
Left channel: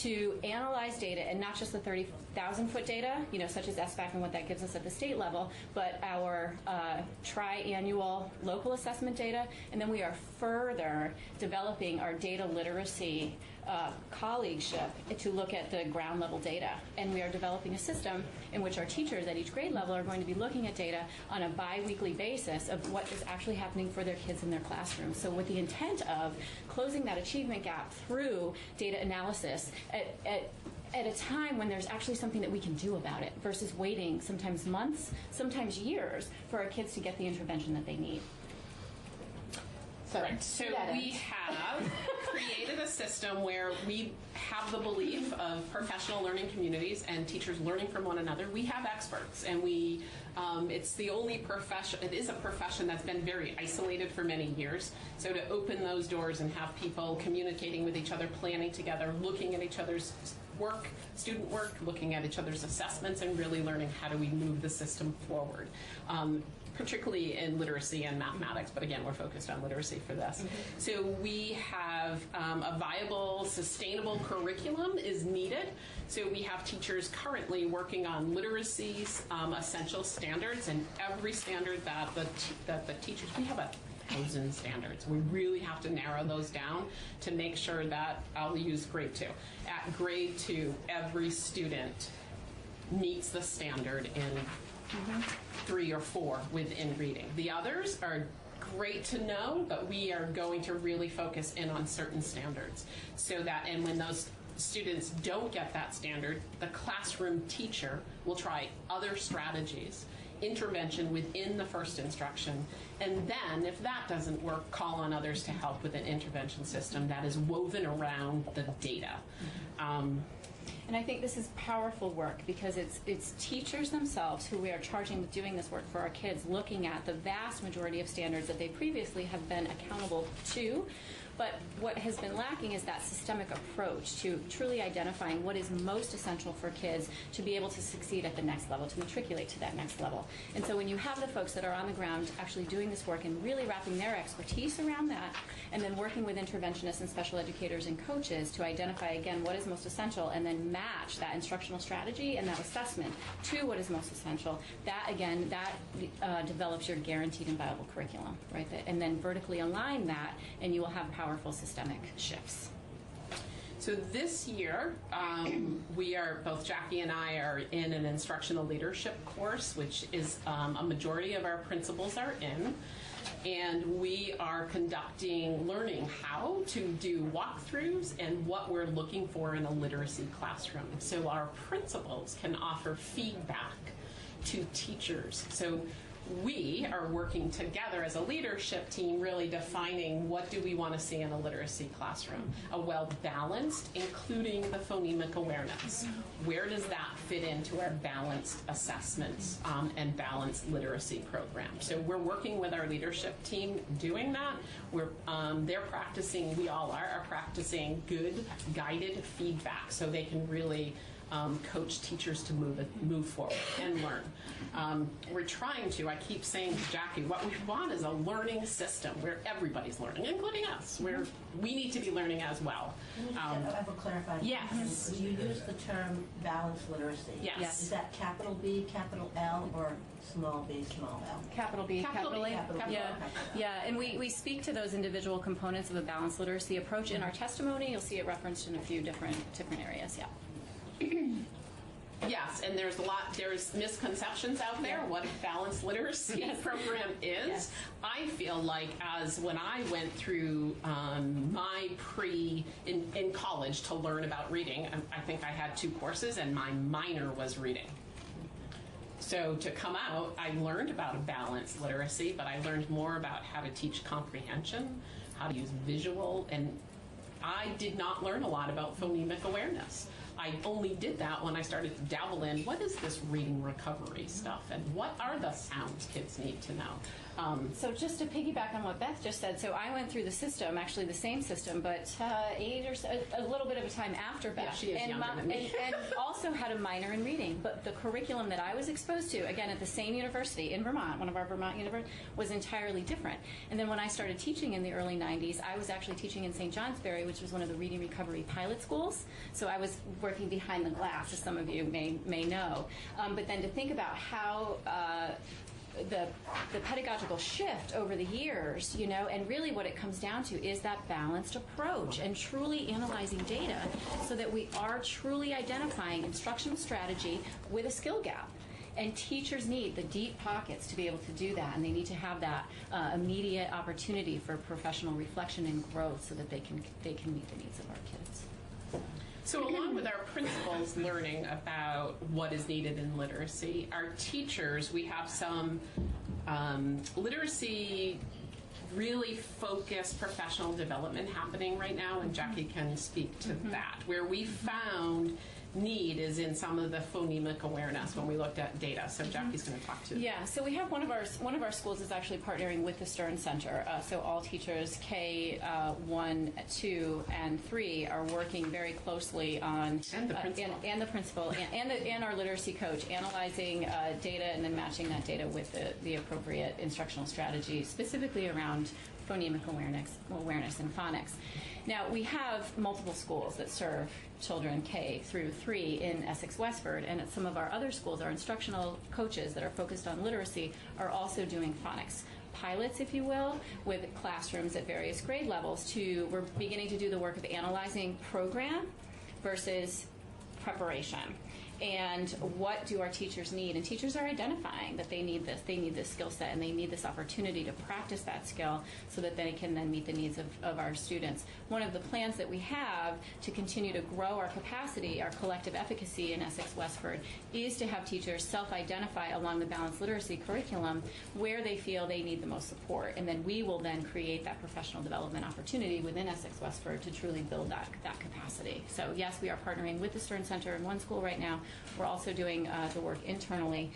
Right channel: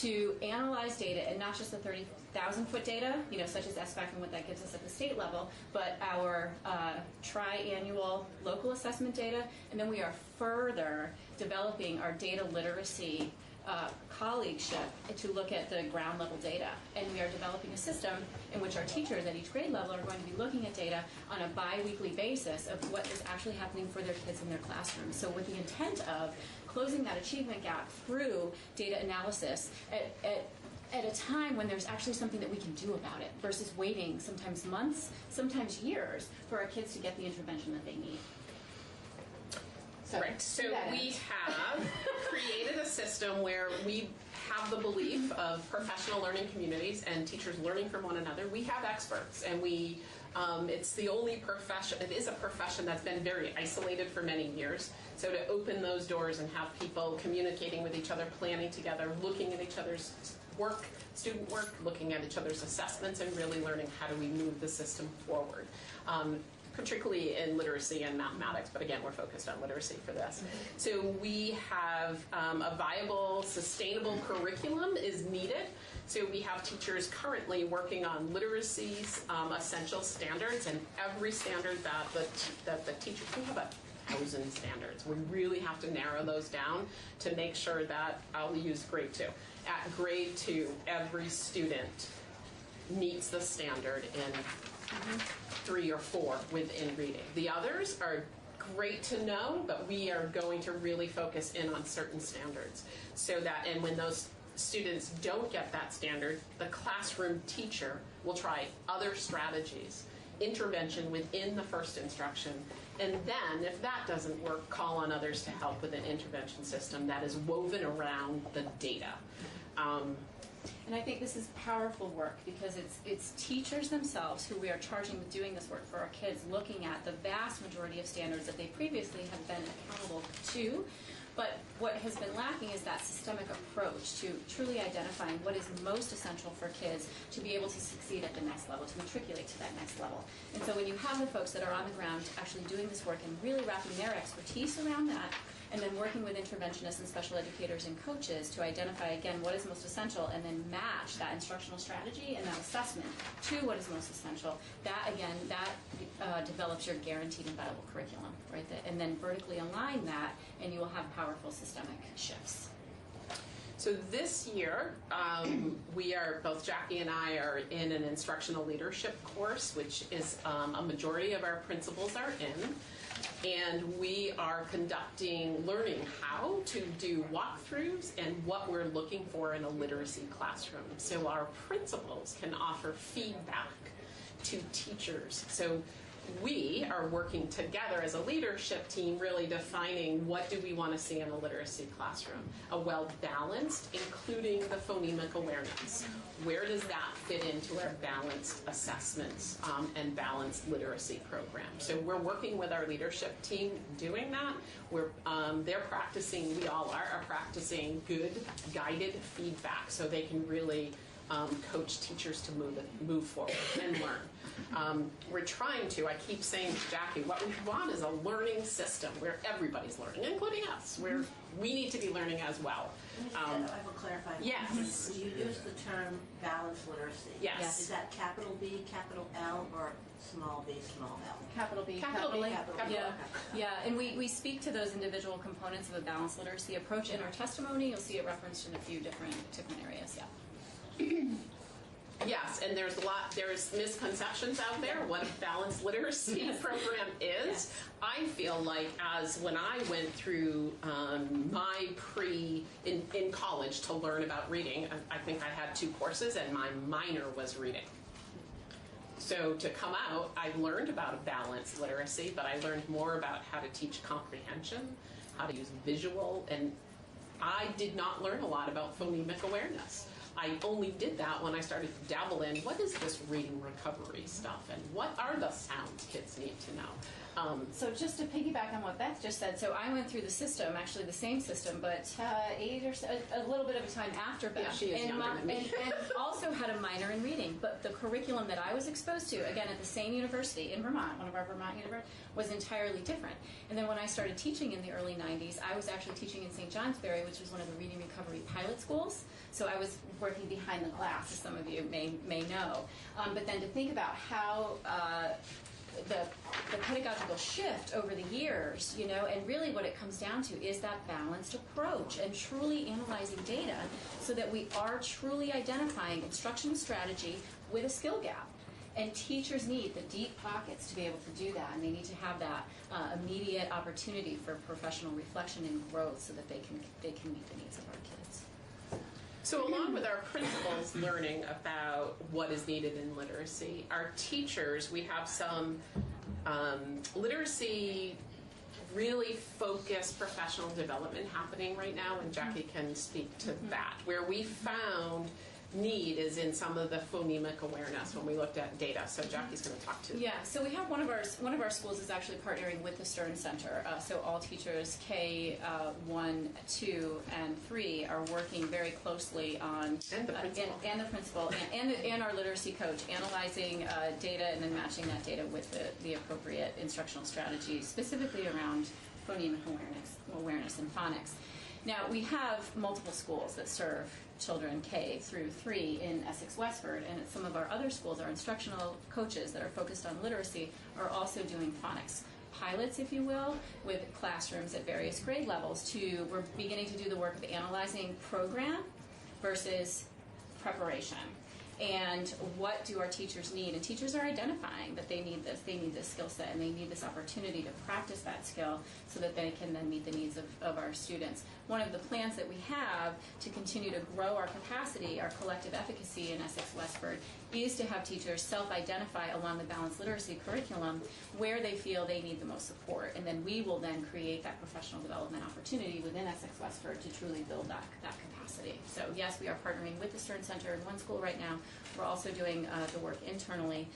to analyze data, and not just the 30,000-foot data, such as SBAC and what that gives us at the state level, but our tri-annual local assessment data, and then we are further developing our data literacy colleagueship to look at the ground level data. And we are developing a system in which our teachers at each grade level are going to be looking at data on a bi-weekly basis of what is actually happening for their kids in their classrooms. So with the intent of closing that achievement gap through data analysis at a time when there's actually something that we can do about it, versus waiting sometimes months, sometimes years, for our kids to get the intervention that they need. So we have created a system where we have the belief of professional learning communities and teachers learning from one another. We have experts, and it's the only profession, it is a profession that's been very isolated for many years. So to open those doors and have people communicating with each other, planning together, looking at each other's work, student work, looking at each other's assessments, and really learning how do we move the system forward. Particularly in literacy and mathematics, but again, we're focused on literacy for this. So we have a viable, sustainable curriculum is needed. So we have teachers currently working on literacy's essential standards, and every standard that the teachers, we have 1,000 standards. We really have to narrow those down to make sure that, I'll use grade 2. At grade 2, every student meets the standard in 3 or 4 within reading. The others are great to know, but we are going to really focus in on certain standards, so that, and when those students don't get that standard, the classroom teacher will try other strategies, intervention within the first instruction, and then if that doesn't work, call on others to help with an intervention system that is woven around the data. And I think this is powerful work, because it's teachers themselves who we are charging with doing this work for our kids, looking at the vast majority of standards that they previously have been accountable to. But what has been lacking is that systemic approach to truly identifying what is most essential for kids to be able to succeed at the next level, to matriculate to that next level. And so when you have the folks that are on the ground actually doing this work and really wrapping their expertise around that, and then working with interventionists and special educators and coaches to identify, again, what is most essential, and then match that instructional strategy and that assessment to what is most essential, that, again, that develops your guaranteed and viable curriculum, right? And then vertically align that, and you will have powerful systemic shifts. So this year, both Jackie and I are in an instructional leadership course, which is a majority of our principals are in. And we are conducting learning how to do walkthroughs and what we're looking for in a literacy classroom. So our principals can offer feedback to teachers. So we are working together as a leadership team, really defining what do we want to see in a literacy classroom. A well-balanced, including the phonemic awareness. Where does that fit into our balanced assessments and balanced literacy program? So we're working with our leadership team doing that. They're practicing, we all are practicing good guided feedback so they can really coach teachers to move forward and learn. We're trying to, I keep saying to Jackie, what we want is a learning system where everybody's learning, including us, where we need to be learning as well. I have a clarifying. Yes. You use the term balanced literacy. Yes. Is that capital B, capital L, or small b, small l? Capital B, Capital capital B, A. capital Yeah, A. yeah, and we speak to those individual components of a balanced literacy approach in our testimony. You'll see it referenced in a few different areas. Yeah. Yes, and there's misconceptions out there what a balanced literacy program is. Yes. I feel like when I went through my in college to learn about reading, I think I had 2 courses and my minor was reading. So to come out, I learned about a balanced literacy, but I learned more about how to teach comprehension, how to use visual, and I did not learn a lot about phonemic awareness. I only did that when I started to dabble in what is this reading recovery stuff and what are the sounds kids need to know. So just to piggyback on what Beth just said, so I went through the system, actually the same system, but a little bit of a time after Beth. Yeah, she is and, younger than me. and also had a minor in reading. But the curriculum that I was exposed to, again, at the same university in Vermont, one of our Vermont universities, was entirely different. And then when I started teaching in the early 90s, I was actually teaching in St. Johnsbury, which was one of the reading recovery pilot schools. So I was working behind the glass, as some of you may know. But then to think about how the pedagogical shift over the years, and really what it comes down to is that balanced approach and truly analyzing data so that we are truly identifying instructional strategy with a skill gap. And teachers need the deep pockets to be able to do that, and they need to have that immediate opportunity for professional reflection and growth so that they can meet the needs of our kids. So along with our principals learning about what is needed in literacy, our teachers, we have some literacy really focused professional development happening right now, and Jackie can speak to that, where we found need is in some of the phonemic awareness when we looked at data. So Jackie's going to talk to. Yeah, so we have one of our schools is actually partnering with the Stern Center. So all teachers K 1, 2, and 3 are working very closely on and the principal and our literacy coach analyzing data and then matching that data with the appropriate instructional strategy, specifically around phonemic awareness and phonics. Now, we have multiple schools that serve children K through 3 in Essex Westford, and at some of our other schools, our instructional coaches that are focused on literacy are also doing phonics pilots, if you will, with classrooms at various grade levels. We're beginning to do the work of analyzing program versus preparation. And what do our teachers need? And teachers are identifying that they need this skill set, and they need this opportunity to practice that skill so that they can then meet the needs of our students. One of the plans that we have to continue to grow our capacity, our collective efficacy in Essex Westford, is to have teachers self-identify along the balanced literacy curriculum where they feel they need the most support. And then we will then create that professional development opportunity within Essex Westford to truly build that capacity. So yes, we are partnering with the Stern Center in one school right now. We're also doing the work internally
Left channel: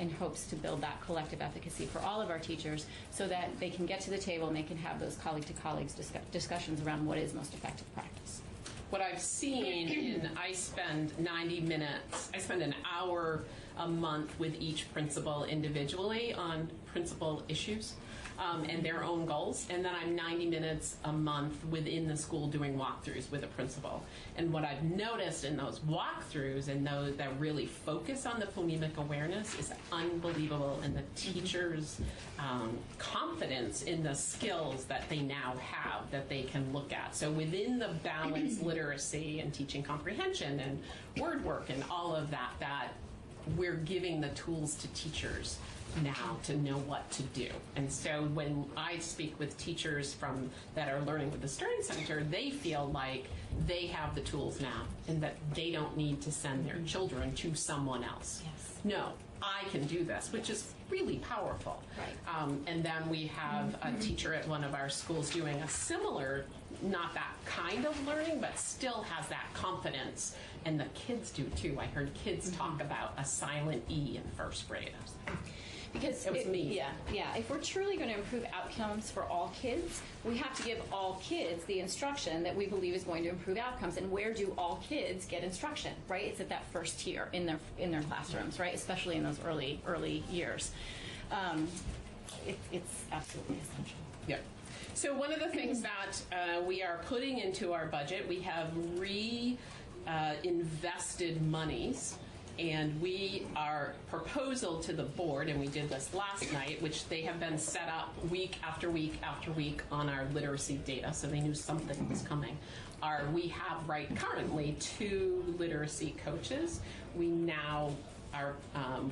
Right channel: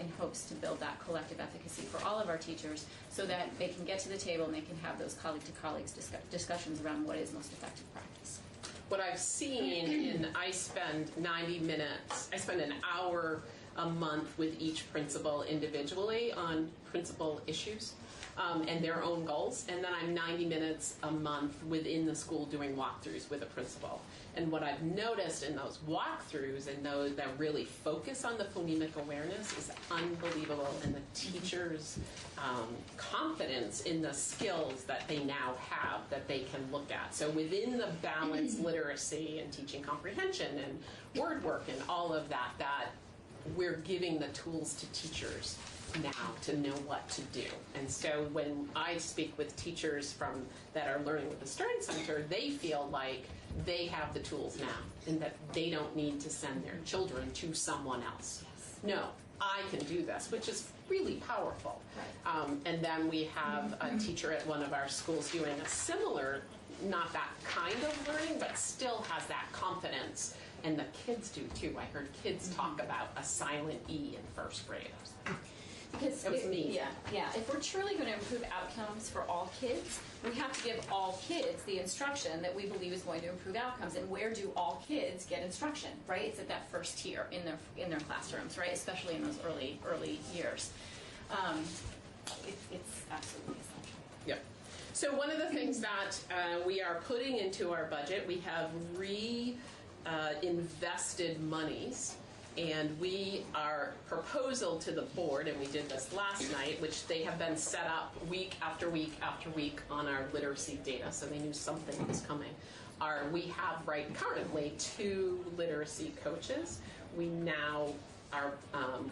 in hopes to build that collective efficacy for all of our teachers so that they can get to the table and they can have those colleague-to-colleagues discussions around what is most effective practice. What I've seen, I spend 90 minutes, I spend an hour a month with each principal individually on principal issues and their own goals, and then I'm 90 minutes a month within the school doing walkthroughs with a principal. And what I've noticed in those walkthroughs and those that really focus on the phonemic awareness is unbelievable, and the teachers' confidence in the skills that they now have that they can look at. So within the balanced literacy and teaching comprehension and word work and all of that, we're giving the tools to teachers now to know what to do. And so when I speak with teachers that are learning with the Stern Center, they feel like they have the tools now and that they don't need to send their children to someone else. Yes. No, I can do this, which is really powerful. And then we have a teacher at one of our schools doing a similar, not that kind of learning, but still has that confidence. And the kids do too. I heard kids talk about a silent E in first grade. Because if we're truly going to improve outcomes for all kids, we have to give all kids the instruction that we believe is going to improve outcomes. And where do all kids get instruction? Right? It's at that first tier in their classrooms, right? Especially in those early years. It's absolutely essential. Yep. So one of the things that we are putting into our budget, we have invested monies. And our proposal to the board, and we did this last night, which they have been set up week after week after week on our literacy data, so they knew something was coming. We have currently 2 literacy coaches. We now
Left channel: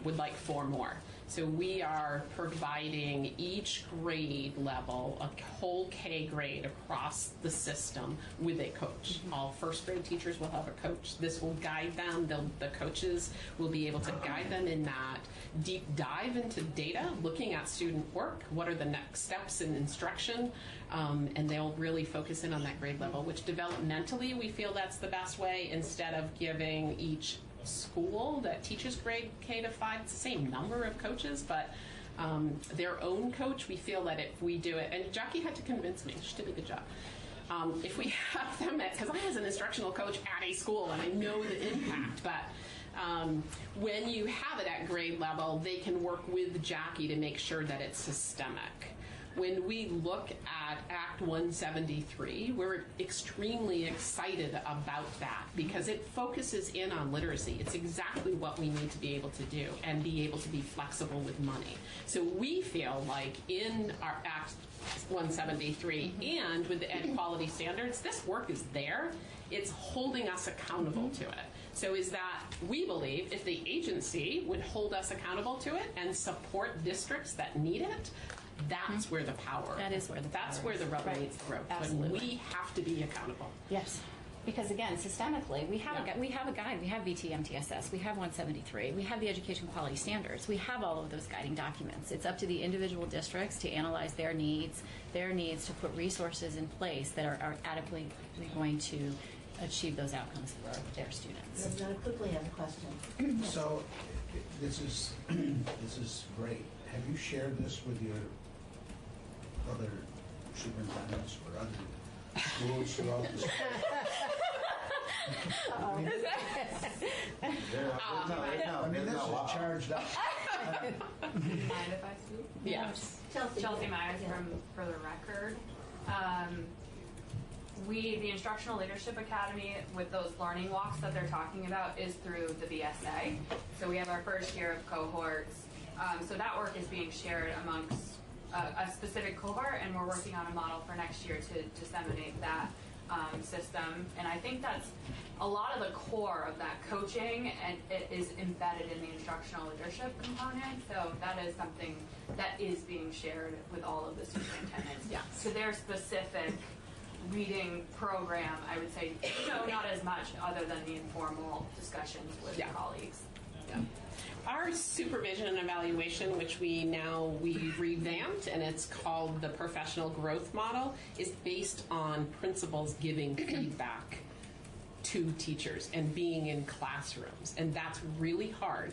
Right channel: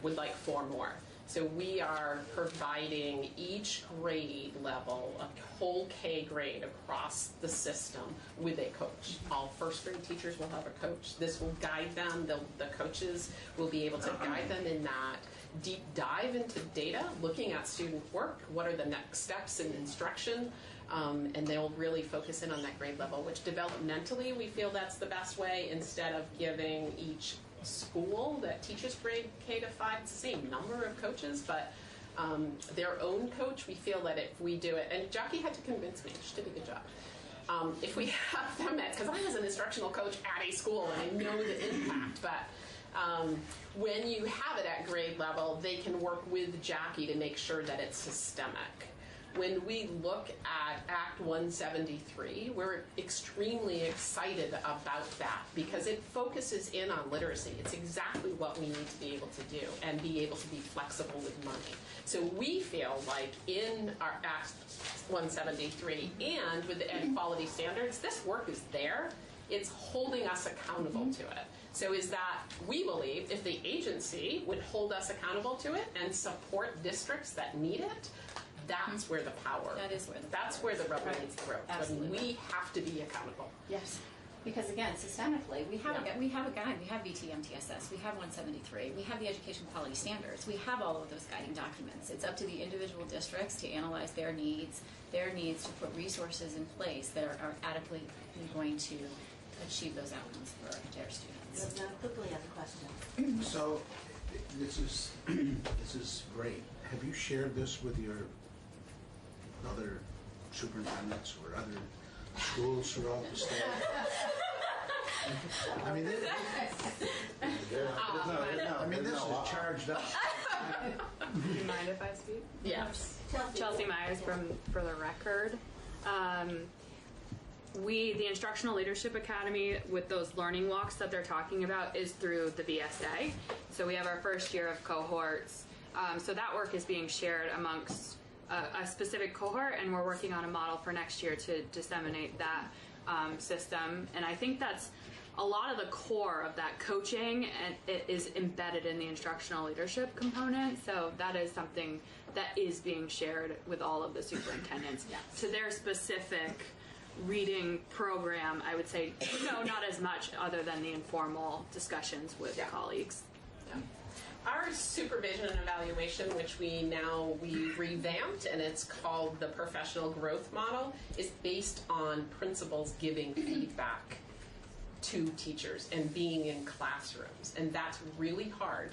would like 4 more. So we are providing each grade level, a whole K grade across the system with a coach. All first grade teachers will have a coach. This will guide them. The coaches will be able to guide them in that deep dive into data, looking at student work, what are the next steps in instruction, and they'll really focus in on that grade level, which developmentally we feel that's the best way, instead of giving each school that teaches grade K to 5, it's the same number of coaches, but their own coach, we feel that if we do it, and Jackie had to convince me, she did a good job. If we have them because I was an instructional coach at a school, and I know the impact, but when you have it at grade level, they can work with Jackie to make sure that it's systemic. When we look at Act 173, we're extremely excited about that because it focuses in on literacy. It's exactly what we need to be able to do and be able to be flexible with money. So we feel like in our Act 173 and with the Ed Quality Standards, this work is there. It's holding us accountable to it. So is that we believe if the agency would hold us accountable to it and support districts that need it, that's where the power. That's where the rubber meets the road. Absolutely. We have to be accountable. Yes. Because again, systemically, we have a guide. We have VT-MTSS. We have 173. We have the education quality standards. We have all of those guiding documents. It's up to the individual districts to analyze their needs to put resources in place that are adequately going to achieve those outcomes for their students. I quickly have a question. So, this is great. Have you shared this with your other superintendents or other schools throughout the state? I mean, this is charged up. Mind if I speak? Yes. Chelsea Myers from For the Record. The Instructional Leadership Academy, with those learning walks that they're talking about, is through the VSA. So we have our first year of cohorts. So that work is being shared amongst a specific cohort, and we're working on a model for next year to disseminate that system. And I think that's a lot of the core of that coaching, and it is embedded in the instructional leadership component. So that is something that is being shared with all of the superintendents. Yeah. So their specific reading program, I would say, not as much other than the informal discussions with colleagues. Yeah. Our supervision and evaluation, which we revamped, and it's called the professional growth model, is based on principals giving feedback to teachers and being in classrooms. And that's really hard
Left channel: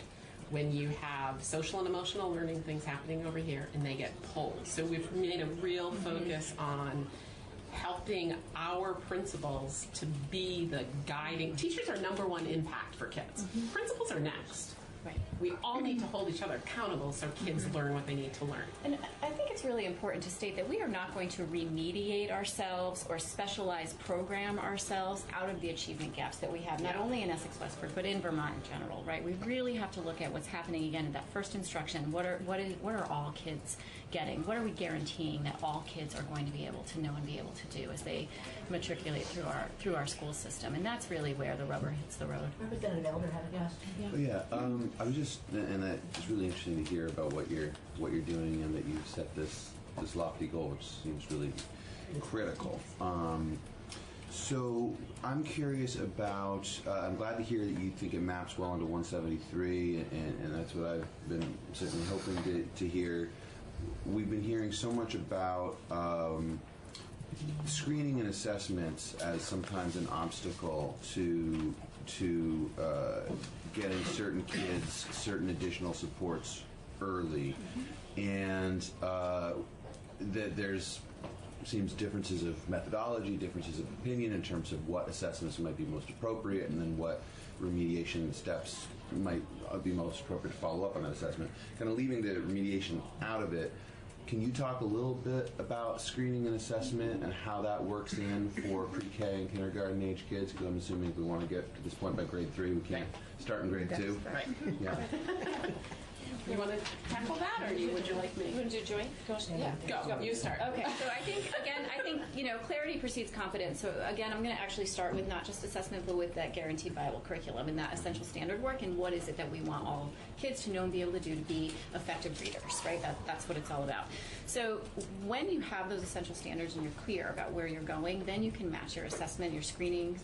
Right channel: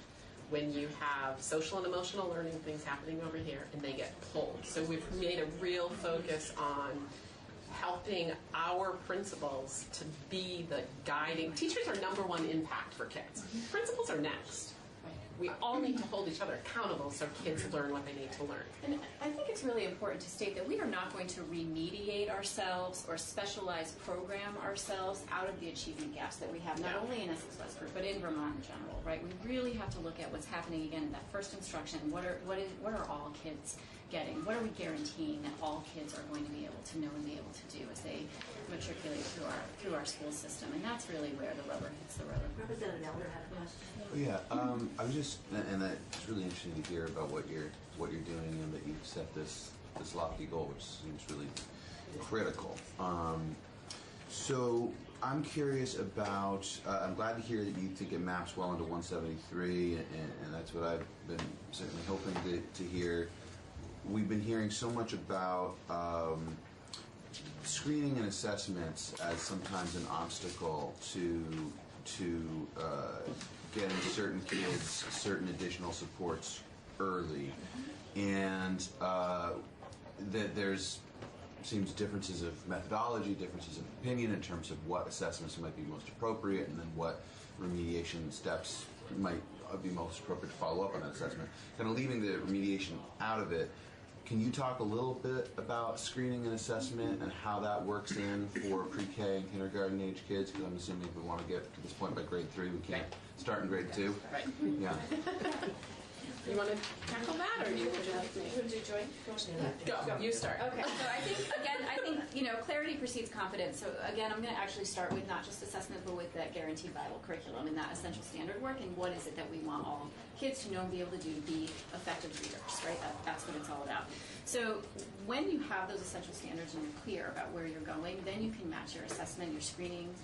when you have social and emotional learning things happening over here and they get pulled. So we've made a real focus on helping our principals to be the guiding. Teachers are #1 impact for kids. Principals are next. Right. We all need to hold each other accountable so kids learn what they need to learn. And I think it's really important to state that we are not going to remediate ourselves or specialize program ourselves out of the achievement gaps that we have, not only in Essex Westford, but in Vermont in general, right? We really have to look at what's happening again in that first instruction. What are all kids getting? What are we guaranteeing that all kids are going to be able to know and be able to do as they matriculate through our school system? And that's really where the rubber hits the road. Representative Elder had a question. Oh, yeah, I was just, and it's really interesting to hear about what you're doing, and that you set this lofty goal, which seems really critical. So I'm curious about, I'm glad to hear that you think it maps well into 173, and that's what I've been certainly hoping to hear. We've been hearing so much about screening and assessments as sometimes an obstacle to getting certain kids certain additional supports early, and that there's seems differences of methodology, differences of opinion in terms of what assessments might be most appropriate, and then what remediation steps might be most appropriate to follow up on that assessment. Kind of leaving the remediation out of it, can you talk a little bit about screening and assessment and how that works in for pre-K and kindergarten age kids? Because I'm assuming if we want to get to this point by grade 3, we can't start in grade 2. Right. Yeah. You want to tackle that, or would you like me? Would you join? Go. You start. Okay. So I think clarity precedes confidence. So again, I'm going to actually start with not just assessment, but with that guaranteed viable curriculum and that essential standard work, and what is it that we want all kids to know and be able to do to be effective readers, right? That's what it's all about. So when you have those essential standards and you're clear about where you're going, then you can match your assessment, your screening,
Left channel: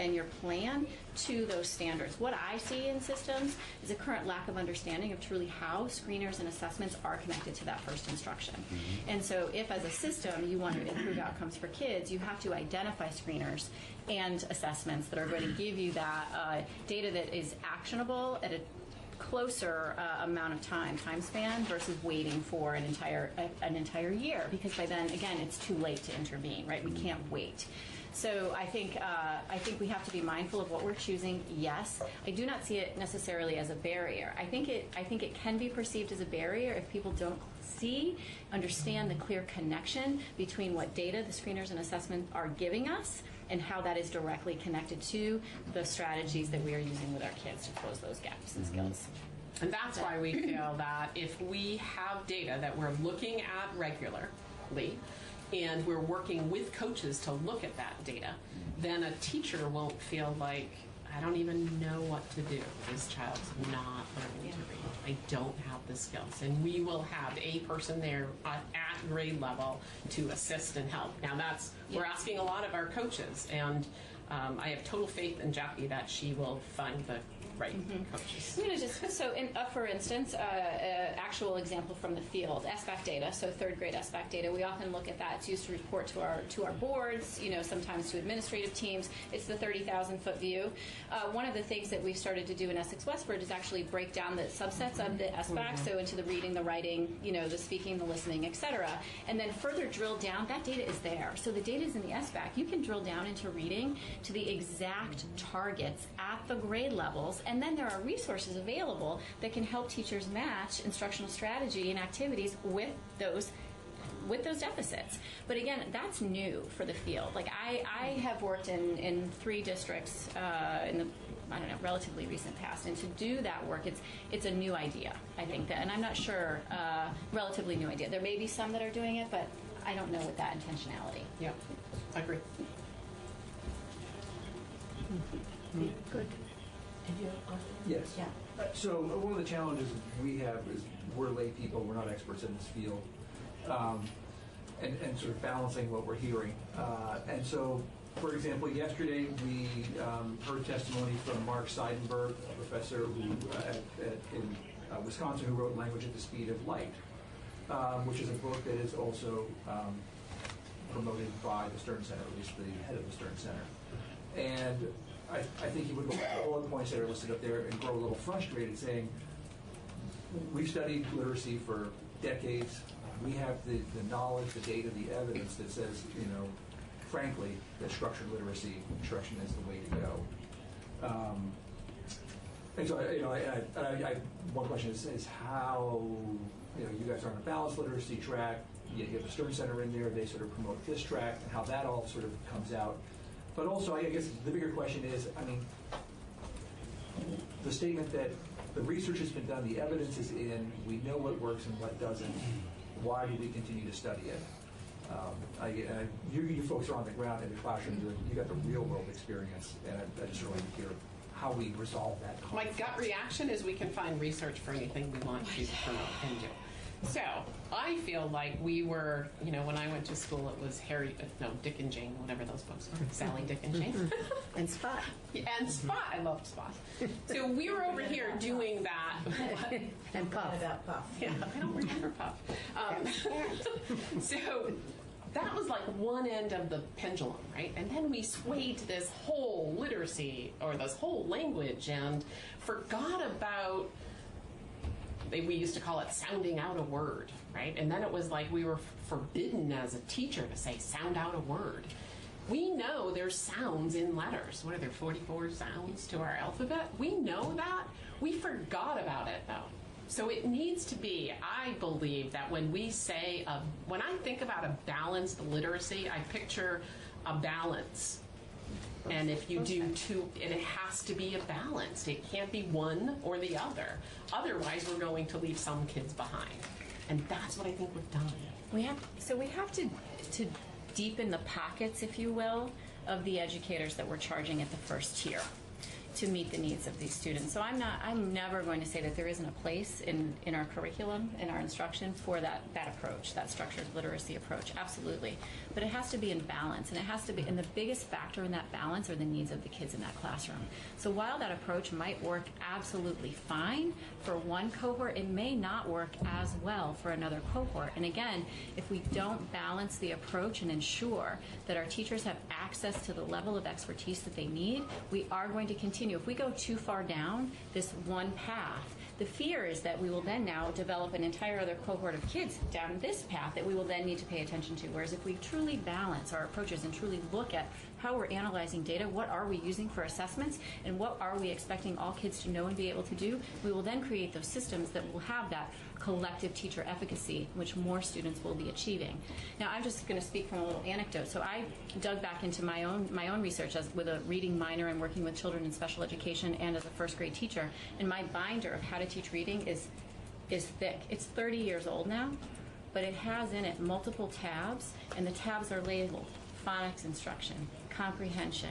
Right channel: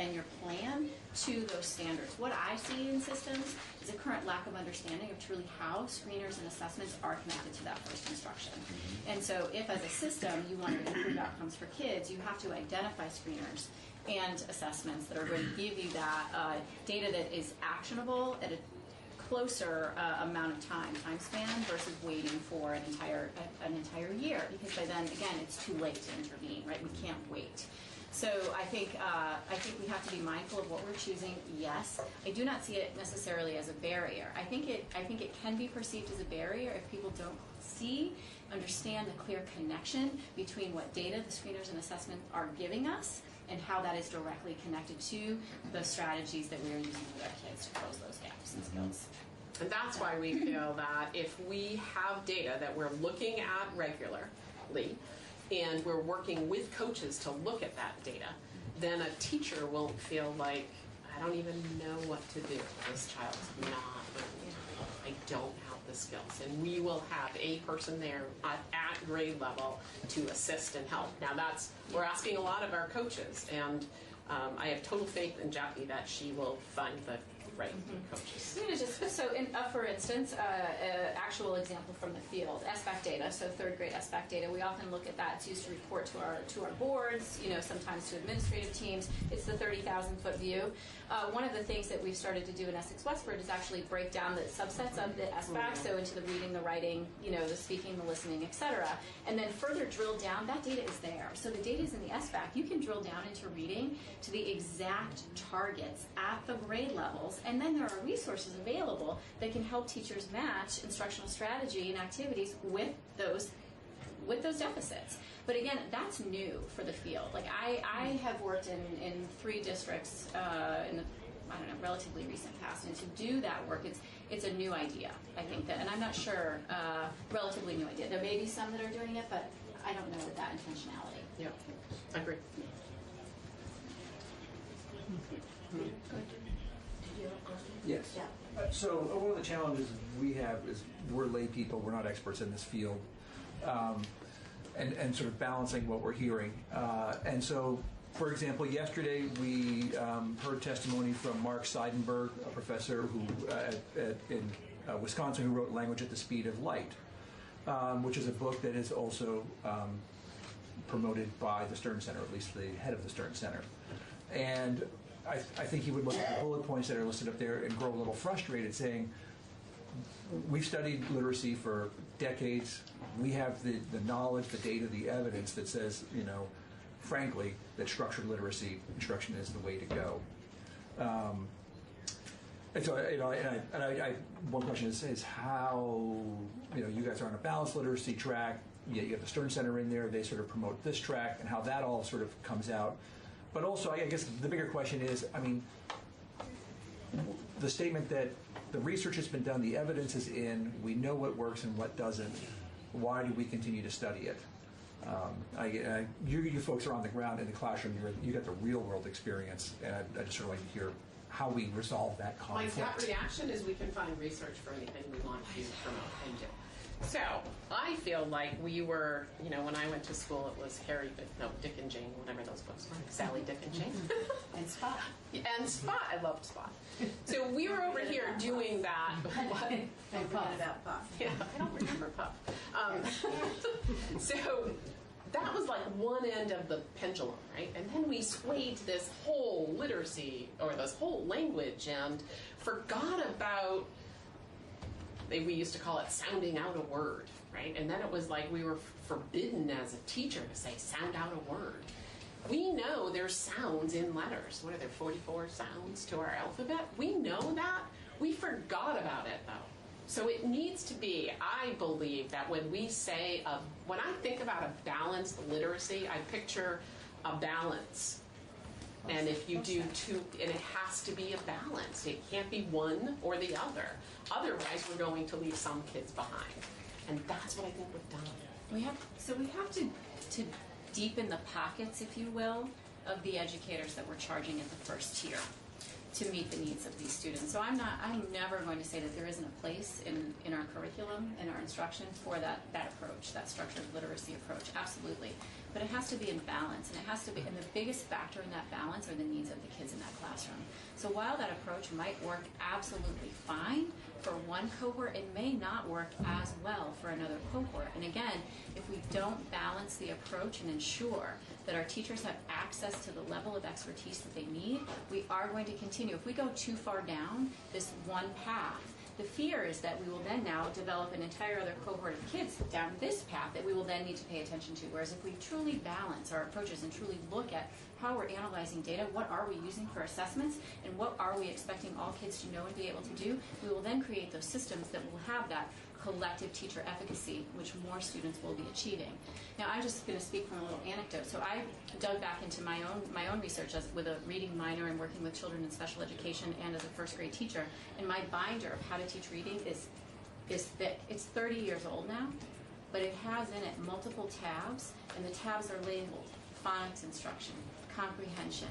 and your plan to those standards. What I see in systems is a current lack of understanding of truly how screeners and assessments are connected to that first instruction. And so if as a system you want to improve outcomes for kids, you have to identify screeners and assessments that are going to give you that data that is actionable at a closer amount of time span versus waiting for an entire year, because by then again it's too late to intervene, right? We can't wait. So I think we have to be mindful of what we're choosing. Yes, I do not see it necessarily as a barrier. I think it can be perceived as a barrier if people don't understand the clear connection between what data the screeners and assessment are giving us and how that is directly connected to the strategies that we are using with our kids to close those gaps in skills. And that's why we feel that if we have data that we're looking at regularly, and we're working with coaches to look at that data, then a teacher won't feel like, I don't even know what to do. This child's not learning. I don't have the skills. And we will have a person there at grade level to assist and help. Now we're asking a lot of our coaches, and I have total faith in Jackie that she will find the right coaches. I'm going to just, for instance, actual example from the field, SBAC data, so third grade SBAC data, we often look at that. It's used to report to our boards, sometimes to administrative teams. It's the 30,000-foot view. One of the things that we've started to do in Essex Westford is actually break down the subsets of the SBAC, so into the reading, the writing, the speaking, the listening, etc. And then further drill down, that data is there. So the data is in the SBAC. You can drill down into reading to the exact targets at the grade levels, and then there are resources available that can help teachers match instructional strategy and activities with those deficits. But again, that's new for the field. Like I have worked in 3 districts in the relatively recent past, and to do that work, it's a new idea, I think, and I'm not sure, relatively new idea. There may be some that are doing it, but I don't know with that intentionality. Yeah, I agree. Good. Did you have a question? Yes. Yeah. So one of the challenges we have is we're lay people, we're not experts in this field, and sort of balancing what we're hearing. And so, for example, yesterday we heard testimony from Mark Seidenberg, a professor in Wisconsin, who wrote Language at the Speed of Light, which is a book that is also promoted by the Stern Center, at least the head of the Stern Center. And I think he would look at the bullet points that are listed up there and grow a little frustrated, saying, we've studied literacy for decades. We have the knowledge, the data, the evidence that says, frankly, that structured literacy instruction is the way to go. And so, one question is how, you guys are on a balanced literacy track. You have the Stern Center in there. They sort of promote this track, and how that all sort of comes out. But also, I guess the bigger question is, the statement that the research has been done, the evidence is in, we know what works and what doesn't. Why do we continue to study it? You folks are on the ground in the classroom, you have a real world experience, and I just really hear how we resolve that conflict. My gut reaction is we can find research for anything we want to promote and do. So I feel like we were, when I went to school, it was Dick and Jane, whatever those books were, Sally, Dick, and Jane. And Spot. And Spot, I loved Spot. So we were over here doing that. And Puff. About Puff. Yeah, I don't remember Puff. So that was like one end of the pendulum, right? And then we swayed to this whole literacy or this whole language and forgot about, we used to call it sounding out a word, right? And then it was like we were forbidden as a teacher to say sound out a word. We know there's sounds in letters. What are there, 44 sounds to our alphabet? We know that. We forgot about it though. So it needs to be, I believe that when we say, when I think about a balanced literacy, I picture a balance. And if you do two, and it has to be a balance. It can't be one or the other. Otherwise, we're going to leave some kids behind. And that's what I think we've done. We have to deepen the pockets, if you will, of the educators that we're charging at the first tier to meet the needs of these students. So I'm never going to say that there isn't a place in our curriculum, in our instruction for that approach, that structured literacy approach, absolutely. But it has to be in balance, and it has to be, and the biggest factor in that balance are the needs of the kids in that classroom. So while that approach might work absolutely fine for one cohort, it may not work as well for another cohort. And again, if we don't balance the approach and ensure that our teachers have access to the level of expertise that they need, we are going to continue. If we go too far down this one path, the fear is that we will then now develop an entire other cohort of kids down this path that we will then need to pay attention to. Whereas if we truly balance our approaches and truly look at how we're analyzing data, what are we using for assessments, and what are we expecting all kids to know and be able to do, we will then create those systems that will have that collective teacher efficacy, which more students will be achieving. Now, I'm just going to speak from a little anecdote. So I dug back into my own research with a reading minor and working with children in special education and as a first grade teacher. And my binder of how to teach reading is thick. It's 30 years old now, but it has in it multiple tabs, and the tabs are labeled phonics instruction, comprehension.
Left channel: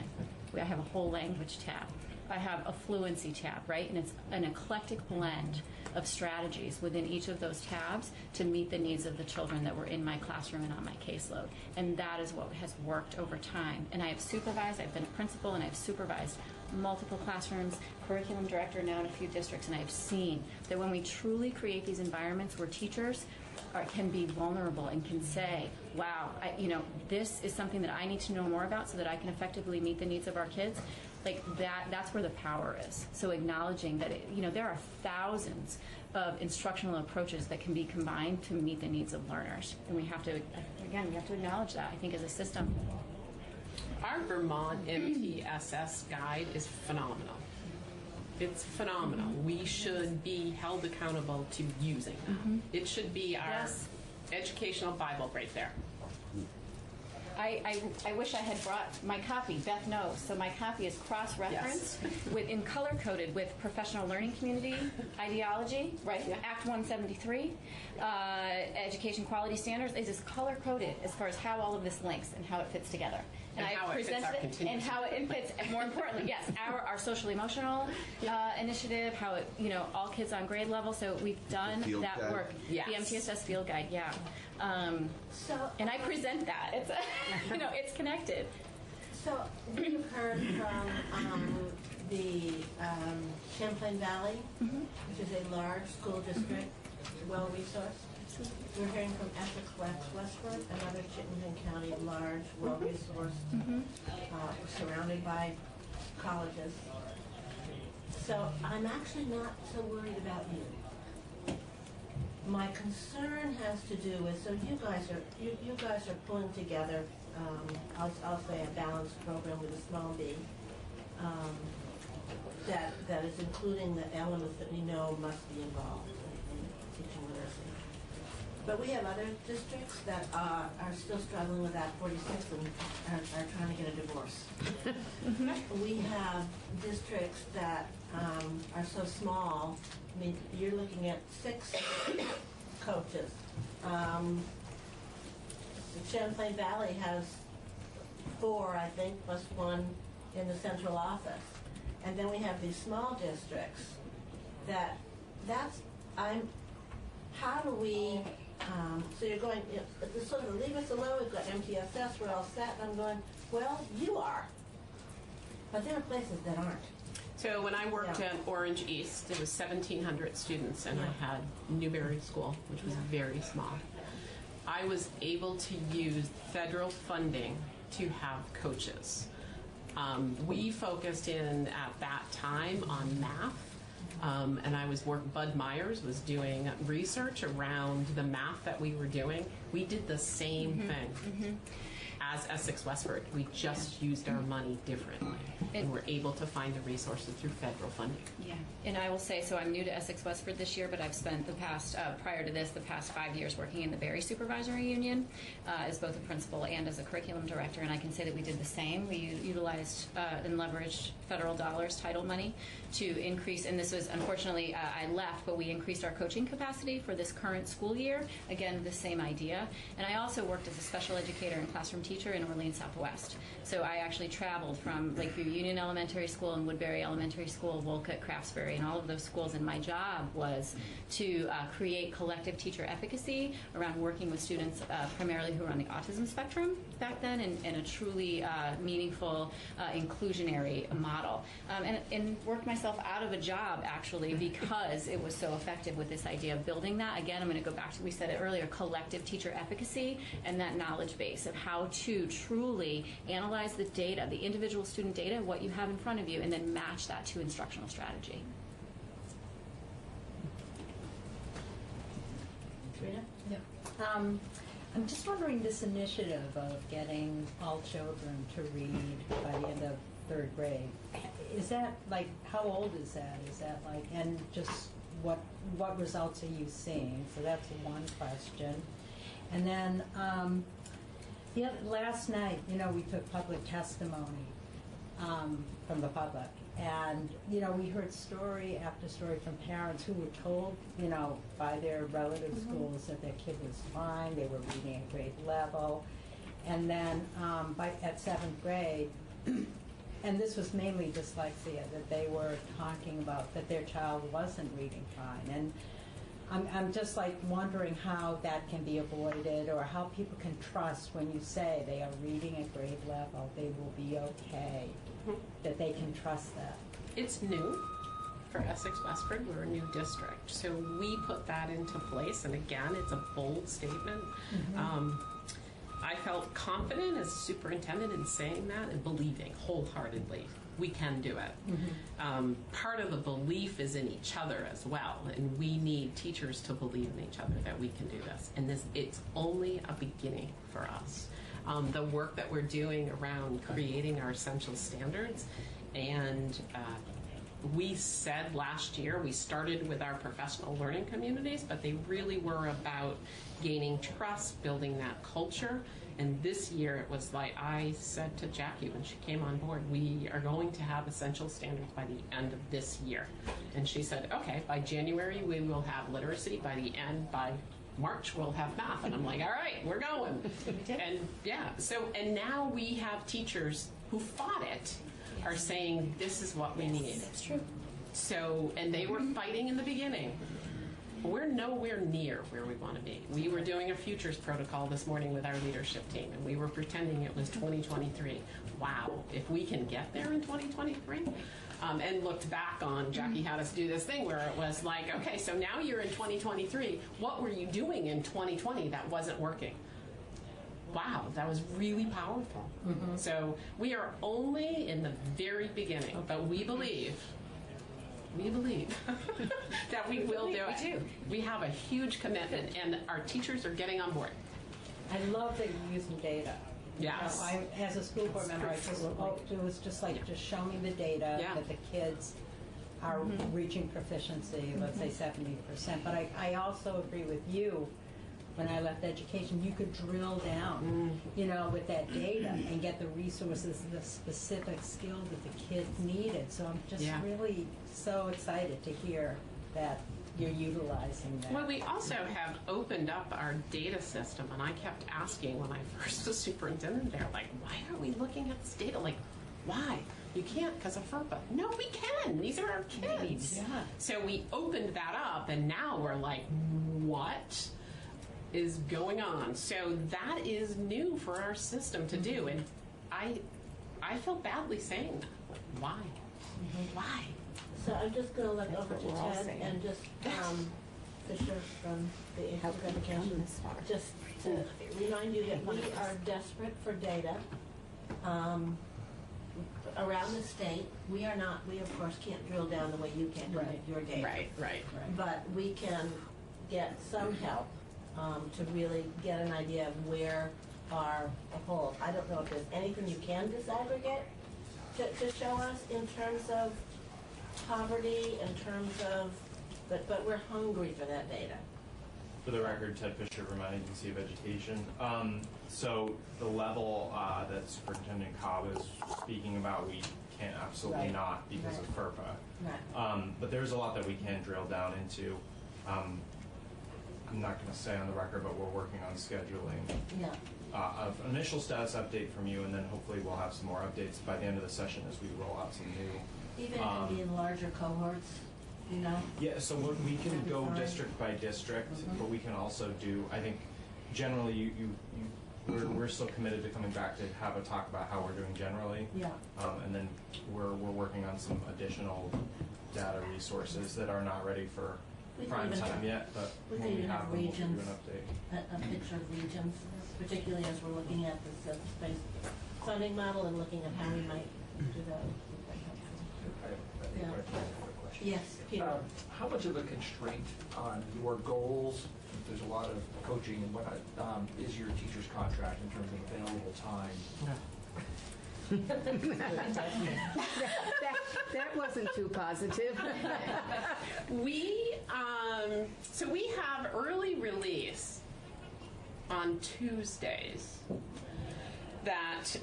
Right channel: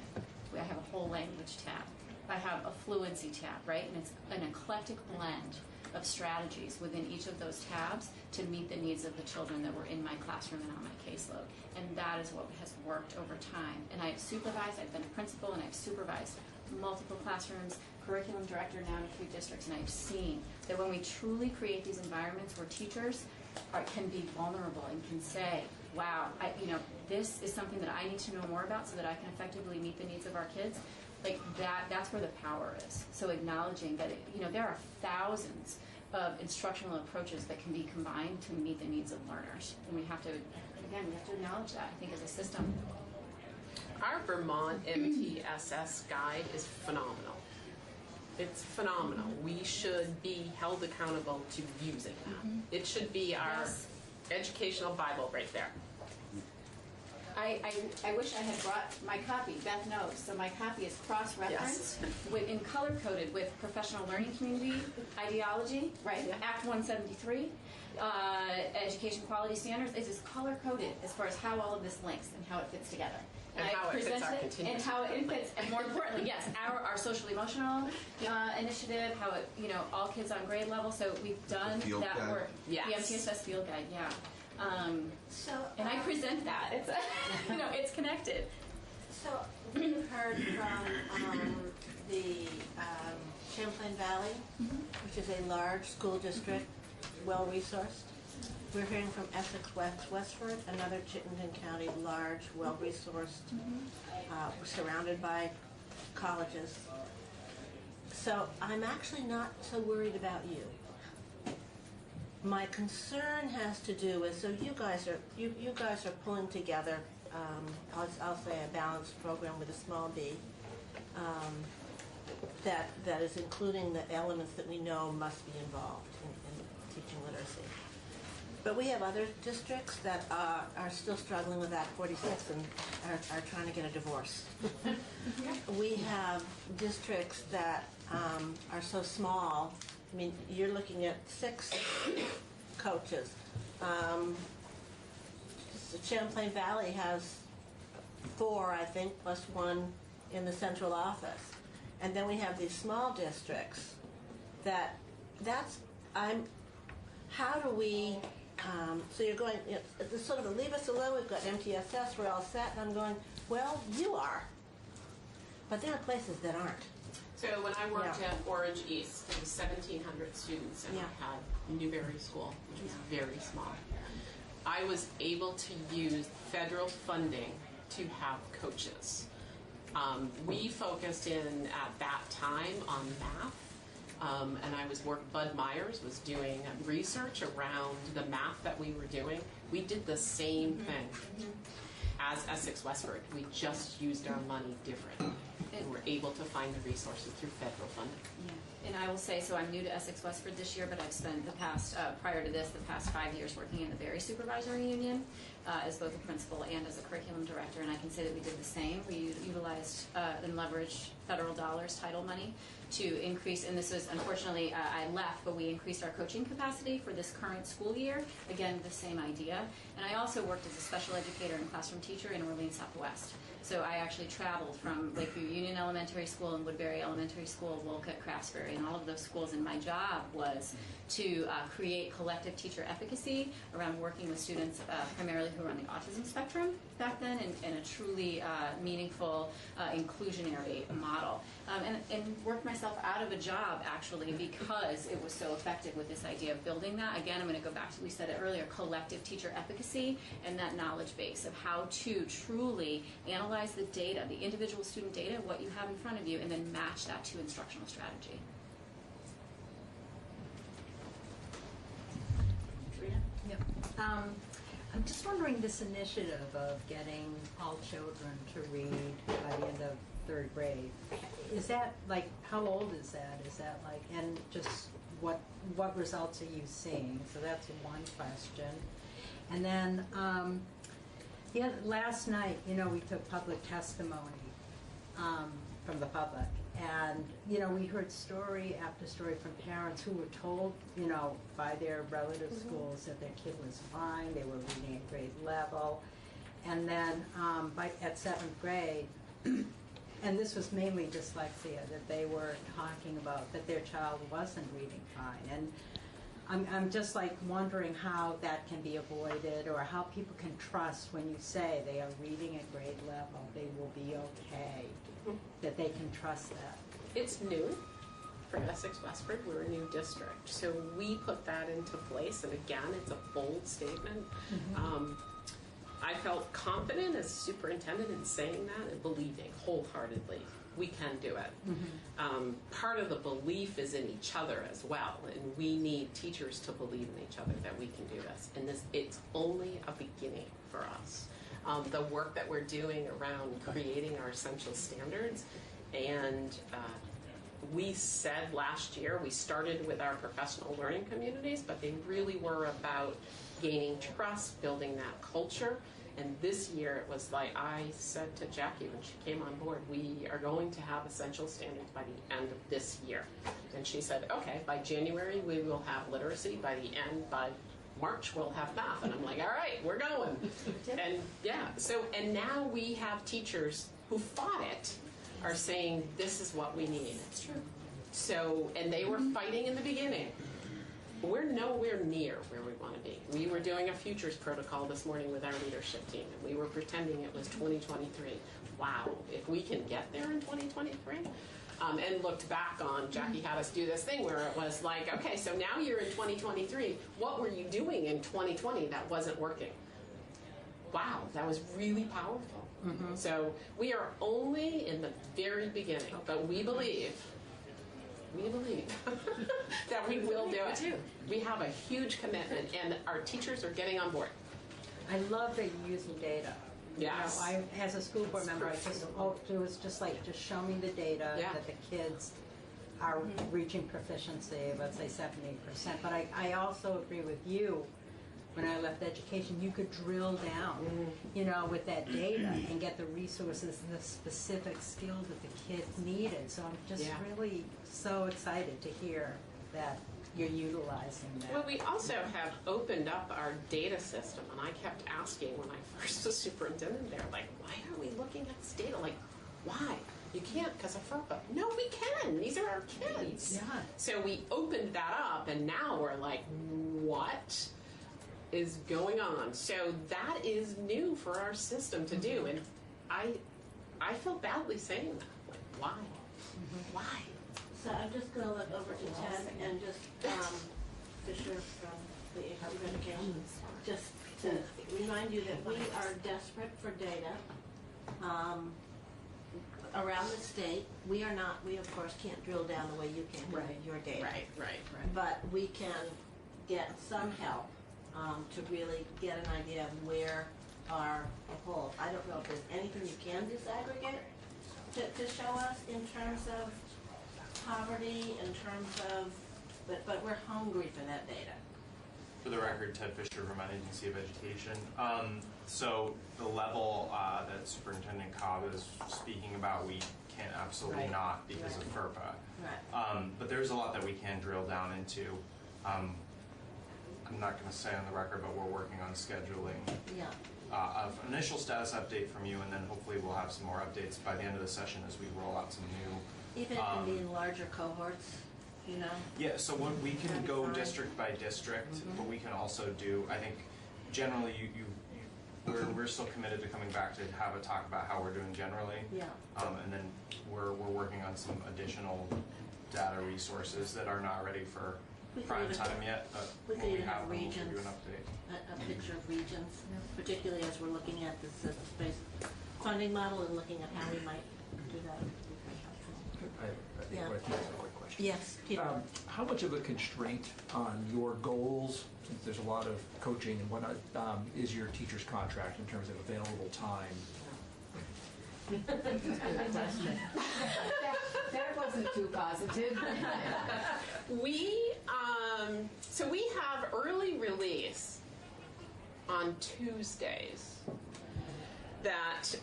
I have a whole language tab. I have a fluency tab, right? And it's an eclectic blend of strategies within each of those tabs to meet the needs of the children that were in my classroom and on my caseload. And that is what has worked over time. And I have supervised, I've been a principal, and I've supervised multiple classrooms, curriculum director now in a few districts, and I've seen that when we truly create these environments where teachers can be vulnerable and can say, wow, this is something that I need to know more about so that I can effectively meet the needs of our kids, like that's where the power is. So acknowledging that there are thousands of instructional approaches that can be combined to meet the needs of learners, and we have to acknowledge that, I think, as a system. Our Vermont MTSS guide is phenomenal. It's phenomenal. We should be held accountable to using that. Mm-hmm. It should be our educational Bible right there. I wish I had brought my copy. Beth knows. So my copy is cross-referenced and color-coded with professional learning community ideology, right? Act 173, education quality standards. It is color-coded as far as how all of this links and how it fits together. And I present it and how it fits. And more importantly, yes, our social emotional initiative, how it, all kids on grade level. So we've done that guide. Work. Yes. The MTSS field guide, yeah. And I present that. It's it's connected. So we've heard from the Champlain Valley, which is a large school district, well-resourced. We're hearing from Essex Westford, another Chittenden County, large, well-resourced, surrounded by colleges. So I'm actually not so worried about you. My concern has to do with, so you guys are pulling together, I'll say a balanced program with a small b, that is including the elements that we know must be involved in teaching literacy. But we have other districts that are still struggling with Act 46 and are trying to get a divorce. We have districts that are so small. I mean, you're looking at 6 coaches. Champlain Valley has 4, I think, plus 1 in the central office. And then we have these small districts how do we, so you're going, it's sort of leave us alone, we've got MTSS, we're all set, and I'm going, well, you are. But there are places that aren't. So when I worked at Orange East, there was 1,700 students, and I had Newberry School, which was very small. I was able to use federal funding to have coaches. We focused in at that time on math, and I was Bud Myers was doing research around the math that we were doing. We did the same thing as Essex Westford. We just used our money differently, and were able to find the resources through federal funding. Yeah, and I will say, so I'm new to Essex Westford this year, but I've spent the past, prior to this, the past 5 years working in the Berry Supervisory Union as both a principal and as a curriculum director, and I can say that we did the same. We utilized and leveraged federal dollars, title money, to increase, and this was, unfortunately, I left, but we increased our coaching capacity for this current school year. Again, the same idea. And I also worked as a special educator and classroom teacher in Orleans Southwest. So I actually traveled from Lakeview Union Elementary School and Woodbury Elementary School, Wolcott, Craftsbury, and all of those schools. And my job was to create collective teacher efficacy around working with students primarily who were on the autism spectrum back then in a truly meaningful, inclusionary model. And worked myself out of a job, actually, because it was so effective with this idea of building that. Again, I'm going to go back to, we said it earlier, collective teacher efficacy and that knowledge base of how to truly analyze the data, the individual student data, what you have in front of you, and then match that to instructional strategy. I'm just wondering, this initiative of getting all children to read by the end of third grade, is that like, how old is that? Is that like, and just what results are you seeing? So that's one question. And then last night, we took public testimony from the public. And, we heard story after story from parents who were told, by their relative schools that their kid was fine, they were reading at grade level. And then at 7th grade, and this was mainly dyslexia, that they were talking about that their child wasn't reading fine. And I'm just like wondering how that can be avoided, or how people can trust when you say they are reading at grade level, they will be okay, that they can trust that. It's new for Essex Westford. We're a new district, so we put that into place. And again, it's a bold statement. I felt confident as superintendent in saying that and believing wholeheartedly we can do it. Part of the belief is in each other as well, and we need teachers to believe in each other that we can do this. And it's only a beginning for us. The work that we're doing around creating our essential standards, and we said last year, we started with our professional learning communities, but they really were about gaining trust, building that culture. And this year it was like I said to Jackie when she came on board, we are going to have essential standards by the end of this year. And she said, okay, by January we will have literacy, by March we'll have math. And I'm like, all right, we're going. And and now we have teachers who fought it are saying this is what we need. That's true. So, and they were fighting in the beginning. We're nowhere near where we want to be. We were doing a futures protocol this morning with our leadership team, and we were pretending it was 2023. Wow, if we can get there in 2023. And looked back on, Jackie had us do this thing where it was like, okay, so now you're in 2023. What were you doing in 2020 that wasn't working? Wow, that was really powerful. So we are only in the very beginning, but we believe that we will do it too. We have a huge commitment, and our teachers are getting on board. I love that you're using data. Yes. As a school board member, it was just like, just show me the data that the kids are reaching proficiency, let's say 70%. But I also agree with you. When I left education, you could drill down, with that data and get the resources and the specific skills that the kids needed. So I'm just really so excited to hear that you're utilizing that. Well, we also have opened up our data system, and I kept asking when I first was superintendent there, like, why are we looking at this data? Like, why? You can't because of FERPA. No, we can. These are our kids. Yeah. So we opened that up, and now we're like, what is going on. So that is new for our system to do, and I feel badly saying that. Why? Why? So I'm just going to look over to Ted and just Fisher from the Education, just to remind you that we are desperate for data around the state. We are not. We of course can't drill down the way you can with your data. Right. But we can get some help to really get an idea of where are the holes. I don't know if there's anything you can disaggregate to show us in terms of poverty, in terms of, but we're hungry for that data. For the record, Ted Fisher, Vermont Agency of Education. So the level that Superintendent Cobb is speaking about, we can't absolutely not because of FERPA. But there's a lot that we can drill down into. I'm not going to say on the record, but we're working on scheduling of initial status update from you, and then hopefully we'll have some more updates by the end of the session as we roll out some new. Even in larger cohorts, you know? Yeah, so when we can go district by district, but we can also do, I think, generally we're still committed to coming back to have a talk about how we're doing generally. Yeah. And then we're working on some additional data resources that are not ready for prime time yet, but we when we can have have them, we'll give you regions, an update. a picture of regions, particularly as we're looking at this space funding model and looking at how we might do that. Yes, Peter. How much of a constraint on your goals, since there's a lot of coaching and whatnot, is your teacher's contract in terms of available time? That wasn't too positive. So we have early release on Tuesdays that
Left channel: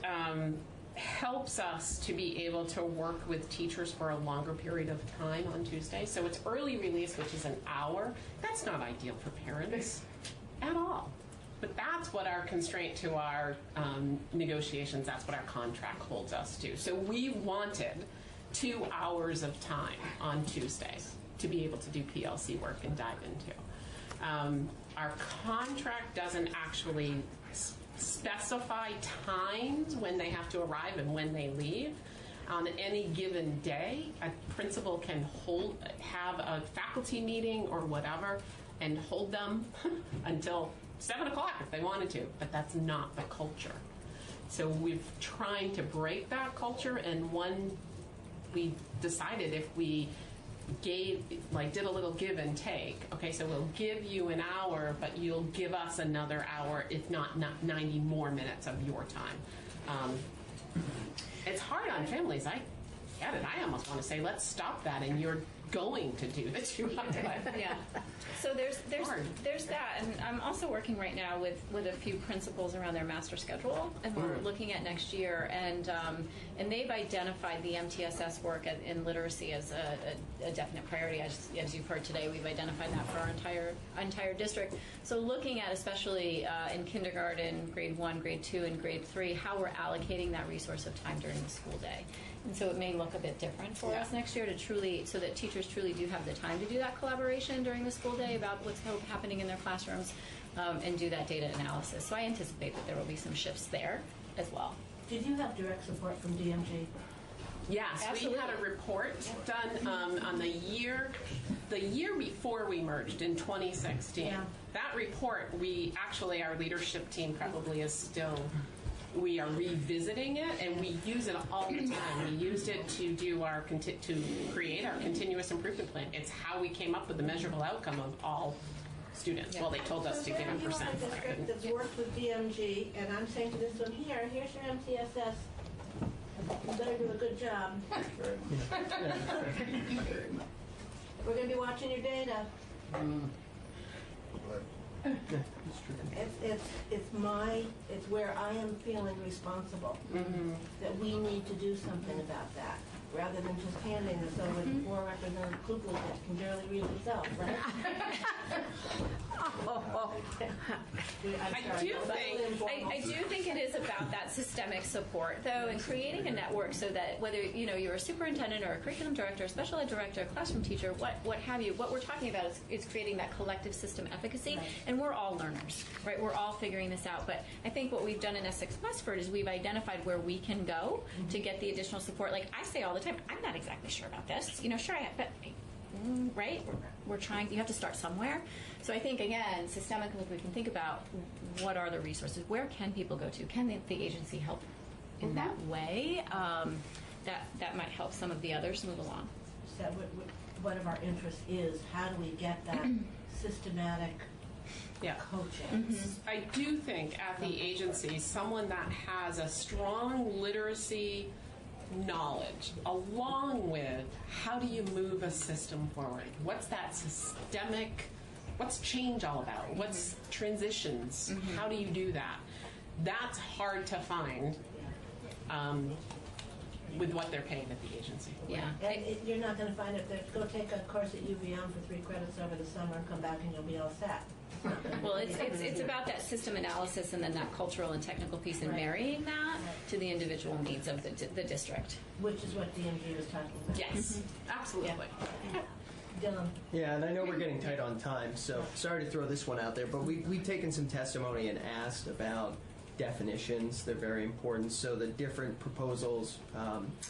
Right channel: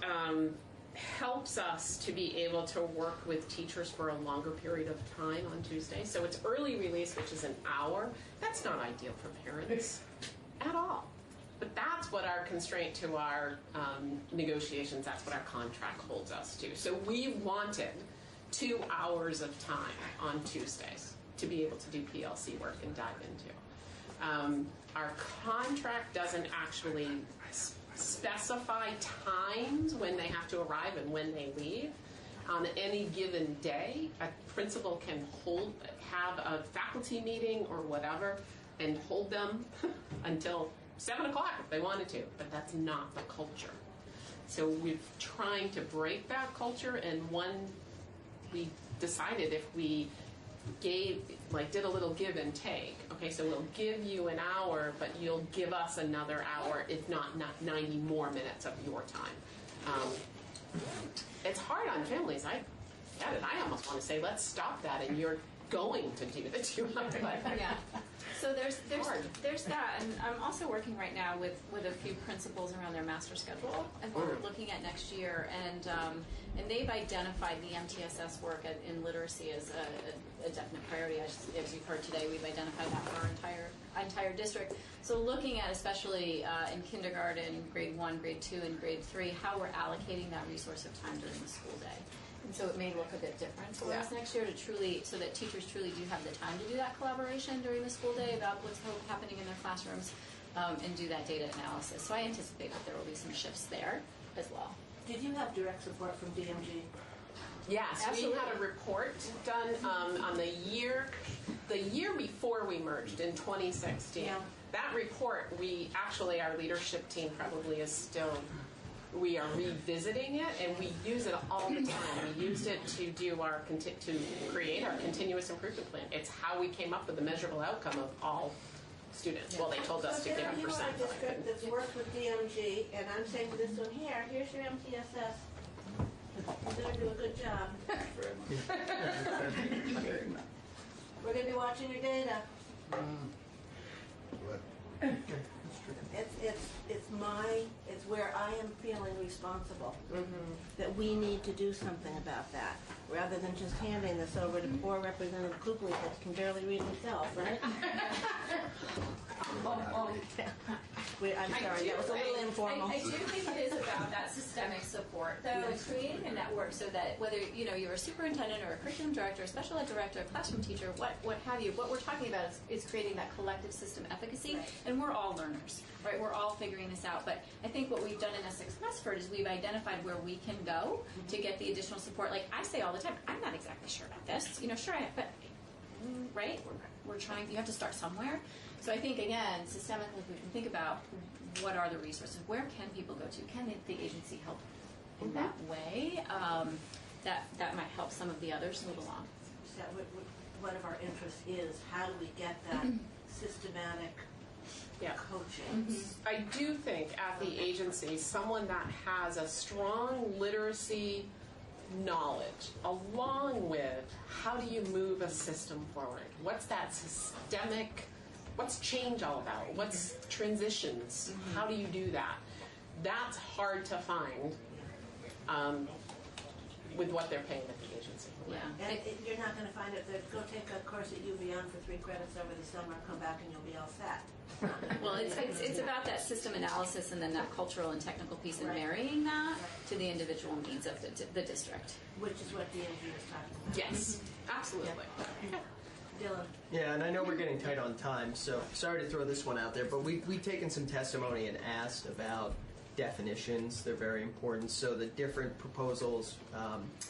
helps us to be able to work with teachers for a longer period of time on Tuesday. So it's early release, which is an hour. That's not ideal for parents at all. But that's what our constraint to our negotiations, that's what our contract holds us to. So we wanted 2 hours of time on Tuesdays to be able to do PLC work and dive into. Our contract doesn't actually specify times when they have to arrive and when they leave. On any given day, a principal can have a faculty meeting or whatever and hold them until 7 o'clock if they wanted to, but that's not the culture. So we're trying to break that culture, and we decided if we did a little give and take. Okay, so we'll give you an hour, but you'll give us another hour, if not 90 more minutes of your time. It's hard on families. I get it. I almost want to say, let's stop that, and you're going to do the 200. Yeah. So there's that, and I'm also working right now with a few principals around their master schedule, and we're looking at next year, and they've identified the MTSS work in literacy as a definite priority. As you've heard today, we've identified that for our entire district. So looking at, especially in kindergarten, grade 1, grade 2, and grade 3, how we're allocating that resource of time during the school day. And so it may look a bit different for us next year so that teachers truly do have the time to do that collaboration during the school day about what's happening in their classrooms and do that data analysis. So I anticipate that there will be some shifts there as well. Did you have direct support from DMG? Yes, we had a report done on the year before we merged in 2016. Yeah. That report, our leadership team probably is still, we are revisiting it, and we use it all the time. We used it to do to create our continuous improvement plan. It's how we came up with the measurable outcome of all students. Well, they told us to give a percent. So you are a district that's worked with DMG, and I'm saying to this one here's your MTSS. You better do a good job. We're going to be watching your data. It's where I am feeling responsible. That we need to do something about that, rather than just handing this over to poor Representative Kugley that can barely read himself, right? I do think it is about that systemic support, though, and creating a network so that whether you're a superintendent or a curriculum director, a special ed director, a classroom teacher, what have you, what we're talking about is creating that collective system efficacy, and we're all learners, right? We're all figuring this out. But I think what we've done in Essex Westford is we've identified where we can go to get the additional support. Like I say all the time, I'm not exactly sure about this. Sure I am, but right? We're trying. You have to start somewhere. So I think again, systemically, we can think about what are the resources. Where can people go to? Can the agency help in that way? That might help some of the others move along. So one of our interests is how do we get that systematic coaching? I do think at the agency, someone that has a strong literacy knowledge along with how do you move a system forward? What's that systemic, what's change all about? What's transitions? How do you do that? That's hard to find with what they're paying at the agency. Yeah. And you're not going to find it. Go take a course at UVM for 3 credits over the summer and come back and you'll be all set. Well, it's about that system analysis and then that cultural and technical piece and marrying that to the individual needs of the district. Which is what DMG is talking about. Yes, absolutely. Dylan. Yeah, and I know we're getting tight on time, so sorry to throw this one out there, but we've taken some testimony and asked about definitions. They're very important. So the different proposals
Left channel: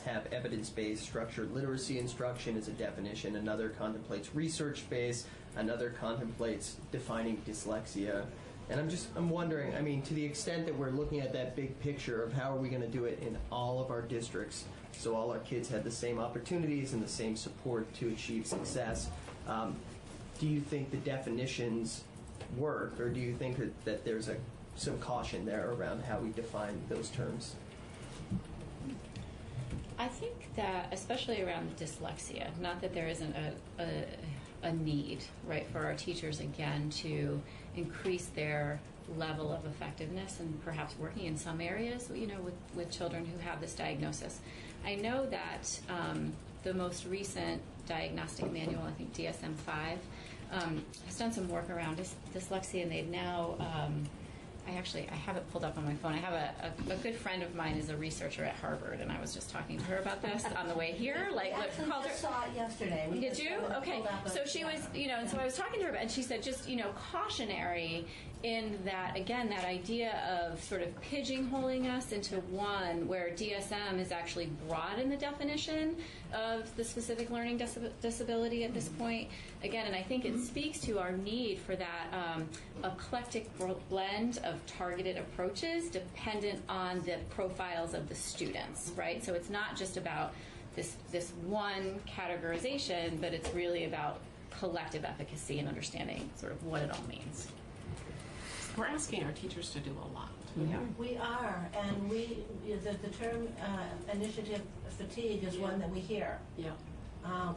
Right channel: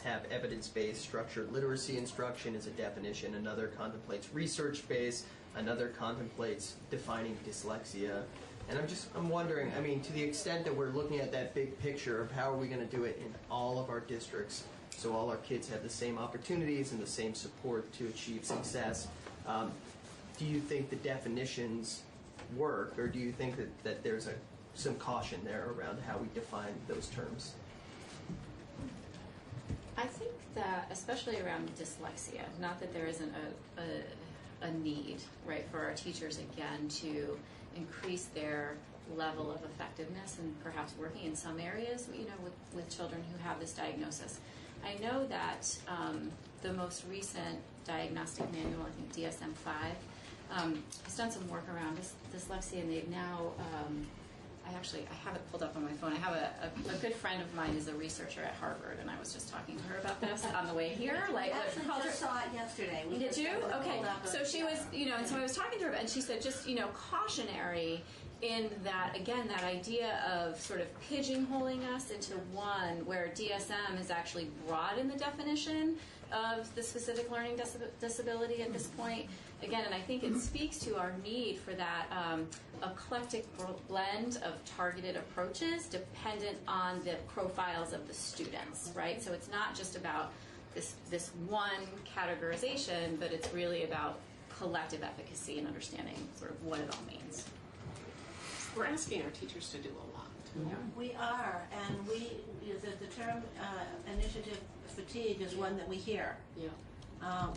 have evidence-based structured literacy instruction as a definition. Another contemplates research-based. Another contemplates defining dyslexia. And I'm wondering, I mean, to the extent that we're looking at that big picture of how are we going to do it in all of our districts so all our kids have the same opportunities and the same support to achieve success, do you think the definitions work, or do you think that there's some caution there around how we define those terms? I think that, especially around dyslexia, not that there isn't a need, right, for our teachers, again, to increase their level of effectiveness and perhaps working in some areas, with children who have this diagnosis. I know that the most recent diagnostic manual, I think DSM-5, has done some work around dyslexia, and they've now, I have it pulled up on my phone. I have a good friend of mine is a researcher at Harvard, and I was just talking to her about this on the way here. I actually saw it yesterday. Did you? Okay. So she was, and so I was talking to her, and she said just, cautionary in that, again, that idea of sort of pigeonholing us into one where DSM is actually broad in the definition of the specific learning disability at this point. Again, and I think it speaks to our need for that eclectic blend of targeted approaches dependent on the profiles of the students, right? So it's not just about this one categorization, but it's really about collective efficacy and understanding sort of what it all means. We're asking our teachers to do a lot. Yeah. We are, and the term initiative fatigue is one that we hear. Yeah.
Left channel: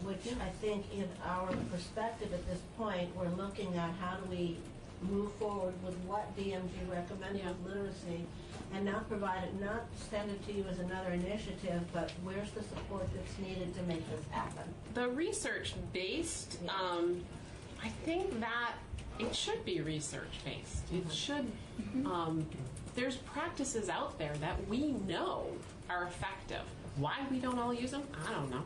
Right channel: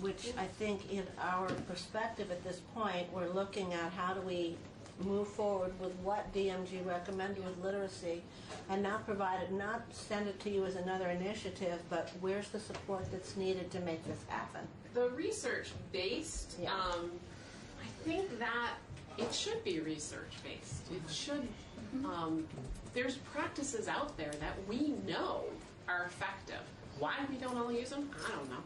Which I think in our perspective at this point, we're looking at how do we move forward with what DMG recommended with literacy, and not provide it, not send it to you as another initiative, but where's the support that's needed to make this happen? The research-based, I think that it should be research-based. It should, there's practices out there that we know are effective. Why we don't all use them, I don't know.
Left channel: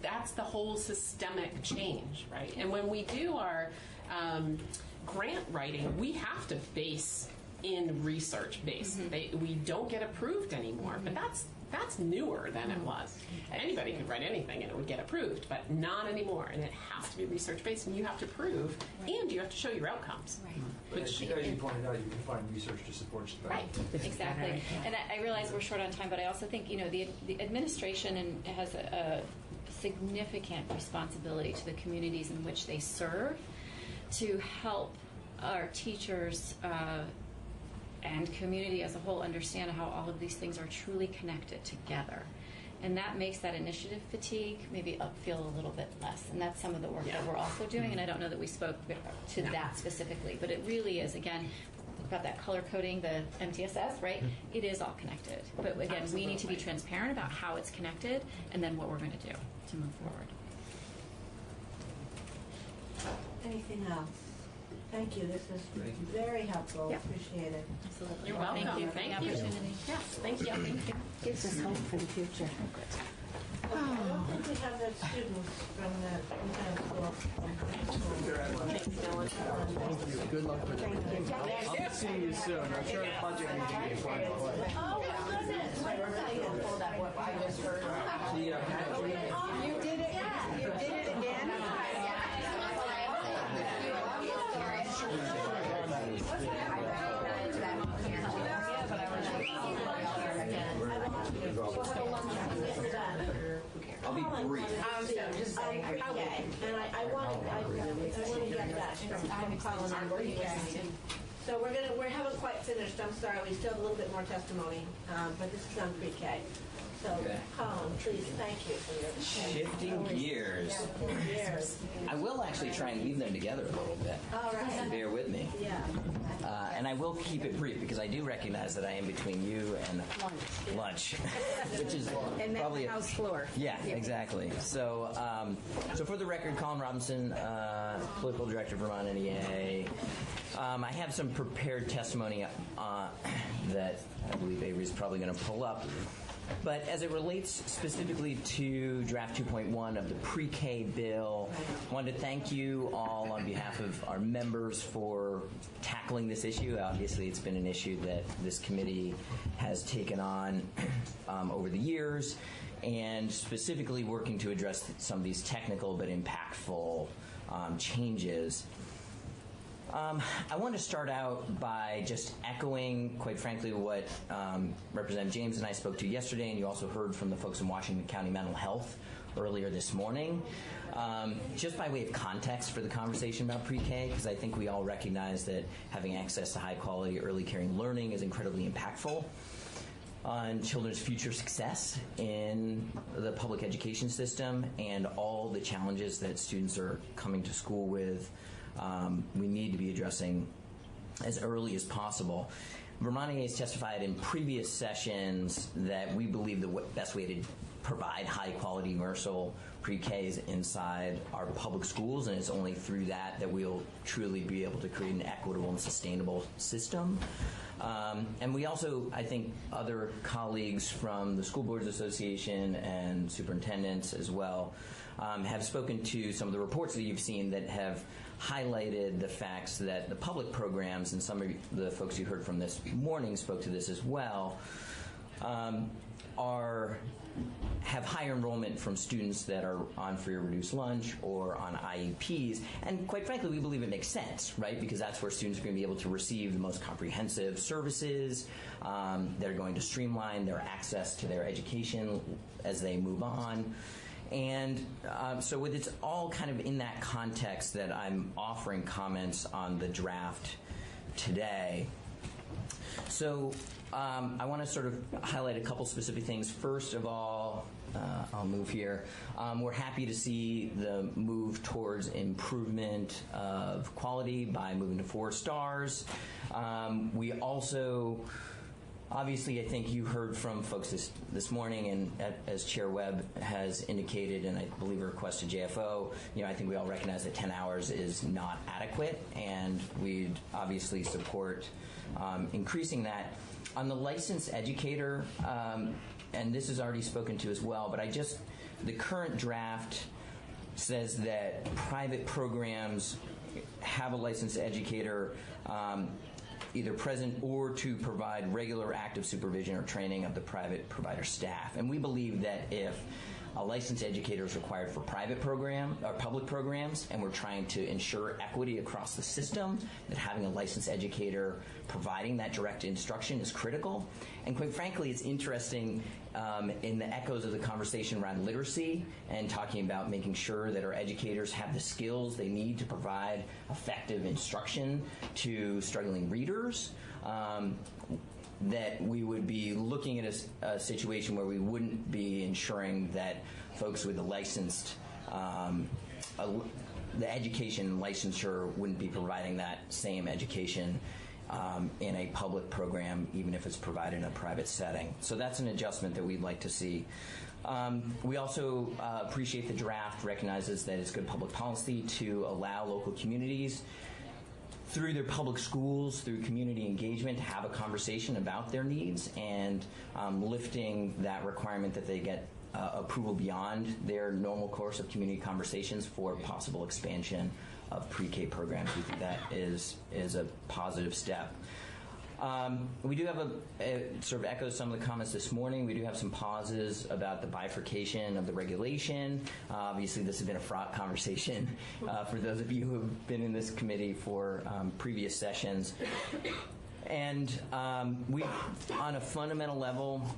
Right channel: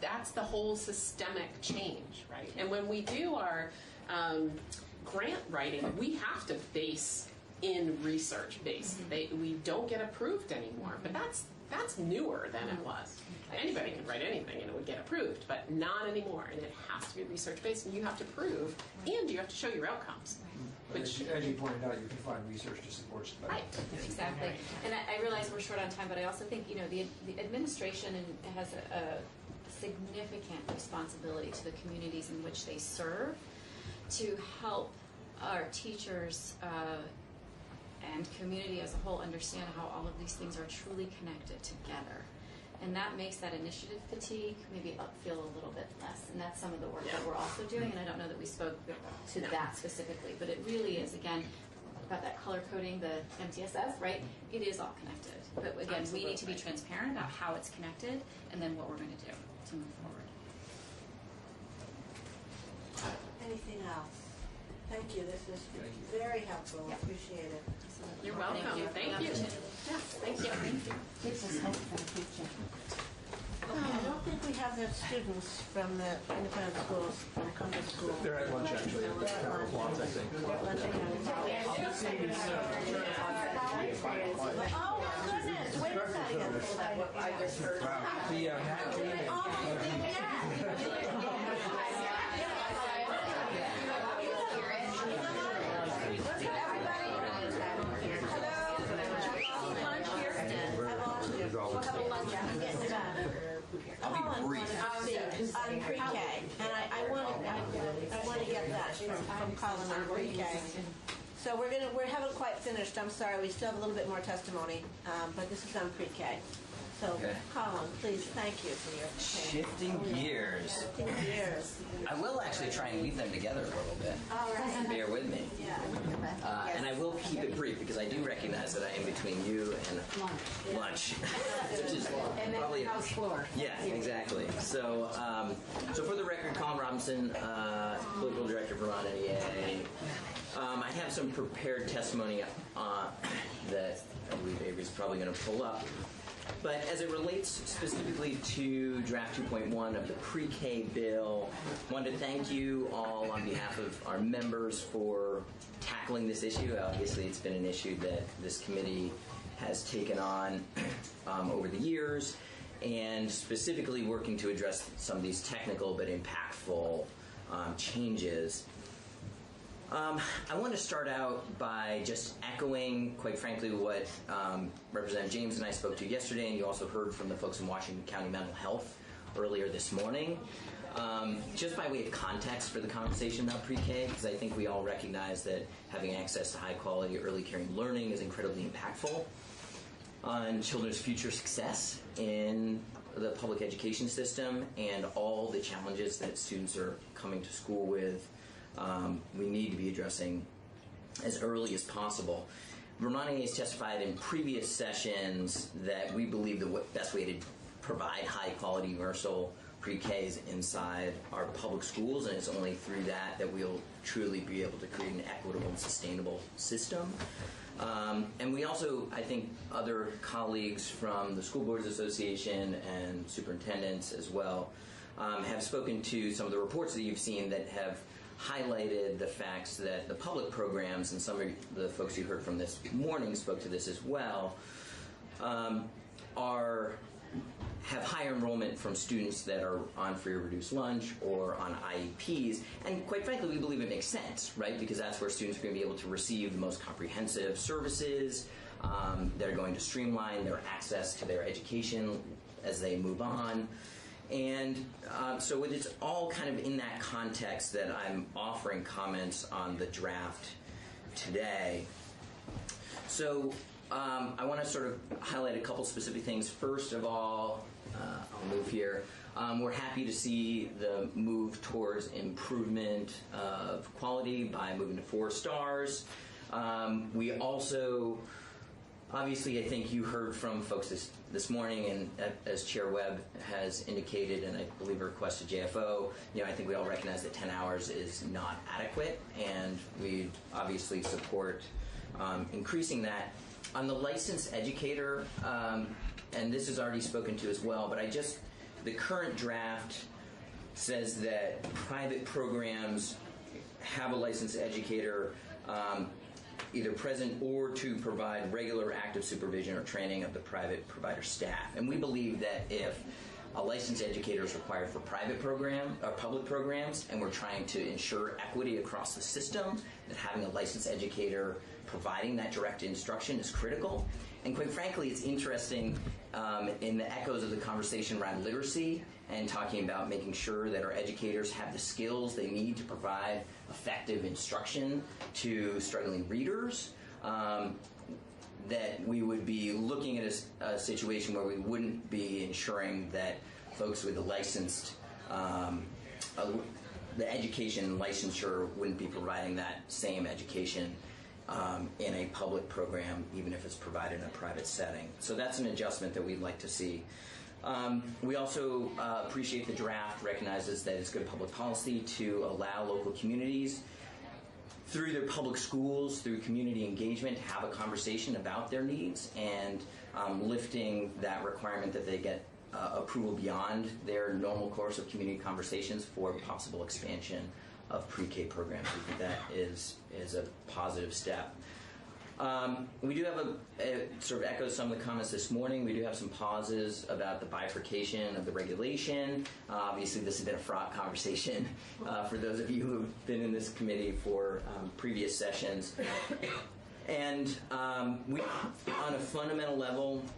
That's the whole systemic change, right? And when we do our grant writing, we have to base in research-based. We don't get approved anymore, but that's newer than it was. Anybody could write anything and it would get approved, but not anymore. And it has to be research-based, and you have to prove, and you have to show your outcomes. Which, as you pointed out, you can find research to support stuff. Right, exactly. And I realize we're short on time, but I also think, the administration has a significant responsibility to the communities in which they serve to help our teachers and community as a whole understand how all of these things are truly connected together. And that makes that initiative fatigue maybe feel a little bit less. And that's some of the work that we're also doing. And I don't know that we spoke to that specifically, but it really is, again, about that color coding, the MTSS, right? It is all connected. But again, we need to be transparent about how it's connected and then what we're going to do to move forward. Anything else? Thank you. This is very helpful. Appreciate it. You're welcome. Thank you. Yes, thank you. Thank you. Gives us hope for the future. Okay, I don't think we have the students from the independent schools, from country schools. They're at lunch, actually. Good luck. I'll see you soon. I'm sure I'll get you to find a place. Oh, my goodness, wait a second. What I just heard. Yeah. Oh, you did that. You did it again. I'll be brief. Pre-K, and I want to get that from Colin on pre-K. So we haven't quite finished, I'm sorry, we still have a little bit more testimony, but this is on pre-K. So, Okay. Colin, please, thank you for your. Shifting gears. I will actually try and weave them together a little bit. All right. Bear with me. Yeah. And I will keep it brief because I do recognize that I am between you and lunch, which is And then probably the house floor. Yeah, exactly. So, so for the record, Colin Robinson, political director of Vermont NEA. I have some prepared testimony that I believe Avery's probably going to pull up. But as it relates specifically to draft 2.1 of the pre-K bill, I wanted to thank you all on behalf of our members for tackling this issue. Obviously, it's been an issue that this committee has taken on over the years, and specifically working to address some of these technical but impactful changes. I want to start out by just echoing, quite frankly, what Representative James and I spoke to yesterday, and you also heard from the folks in Washington County Mental Health earlier this morning. Just by way of context for the conversation about pre-K, because I think we all recognize that having access to high-quality early caring learning is incredibly impactful on children's future success in the public education system and all the challenges that students are coming to school with. We need to be addressing as early as possible. Vermont NEA has testified in previous sessions that we believe the best way to provide high-quality universal pre-K is inside our public schools, and it's only through that that we'll truly be able to create an equitable and sustainable system. And we also, I think, other colleagues from the School Boards Association and superintendents as well have spoken to some of the reports that you've seen that have highlighted the facts that the public programs, and some of the folks you heard from this morning spoke to this as well, have higher enrollment from students that are on free or reduced lunch or on IEPs. And quite frankly, we believe it makes sense, right? Because that's where students are going to be able to receive the most comprehensive services. They're going to streamline their access to their education as they move on. And so it's all kind of in that context that I'm offering comments on the draft today. So I want to sort of highlight a couple specific things. First of all, I'll move here. We're happy to see the move towards improvement of quality by moving to 4 stars. We also, obviously, I think you heard from folks this morning, and as Chair Webb has indicated, and I believe a request to JFO, I think we all recognize that 10 hours is not adequate, and we'd obviously support increasing that. On the licensed educator, and this is already spoken to as well, but the current draft says that private programs have a licensed educator either present or to provide regular active supervision or training of the private provider staff. And we believe that if a licensed educator is required for private program or public programs, and we're trying to ensure equity across the system, that having a licensed educator providing that direct instruction is critical. And quite frankly, it's interesting in the echoes of the conversation around literacy and talking about making sure that our educators have the skills they need to provide effective instruction to struggling readers, that we would be looking at a situation where we wouldn't be ensuring that folks with a licensed, the education licensure wouldn't be providing that same education in a public program, even if it's provided in a private setting. So that's an adjustment that we'd like to see. We also appreciate the draft recognizes that it's good public policy to allow local communities through their public schools, through community engagement, to have a conversation about their needs and lifting that requirement that they get approval beyond their normal course of community conversations for possible expansion of pre-K programs. We think that is a positive step. We do have sort of echoes some of the comments this morning. We do have some pauses about the bifurcation of the regulation. Obviously, this has been a fraught conversation for those of you who have been in this committee for previous sessions. And we, on a fundamental level,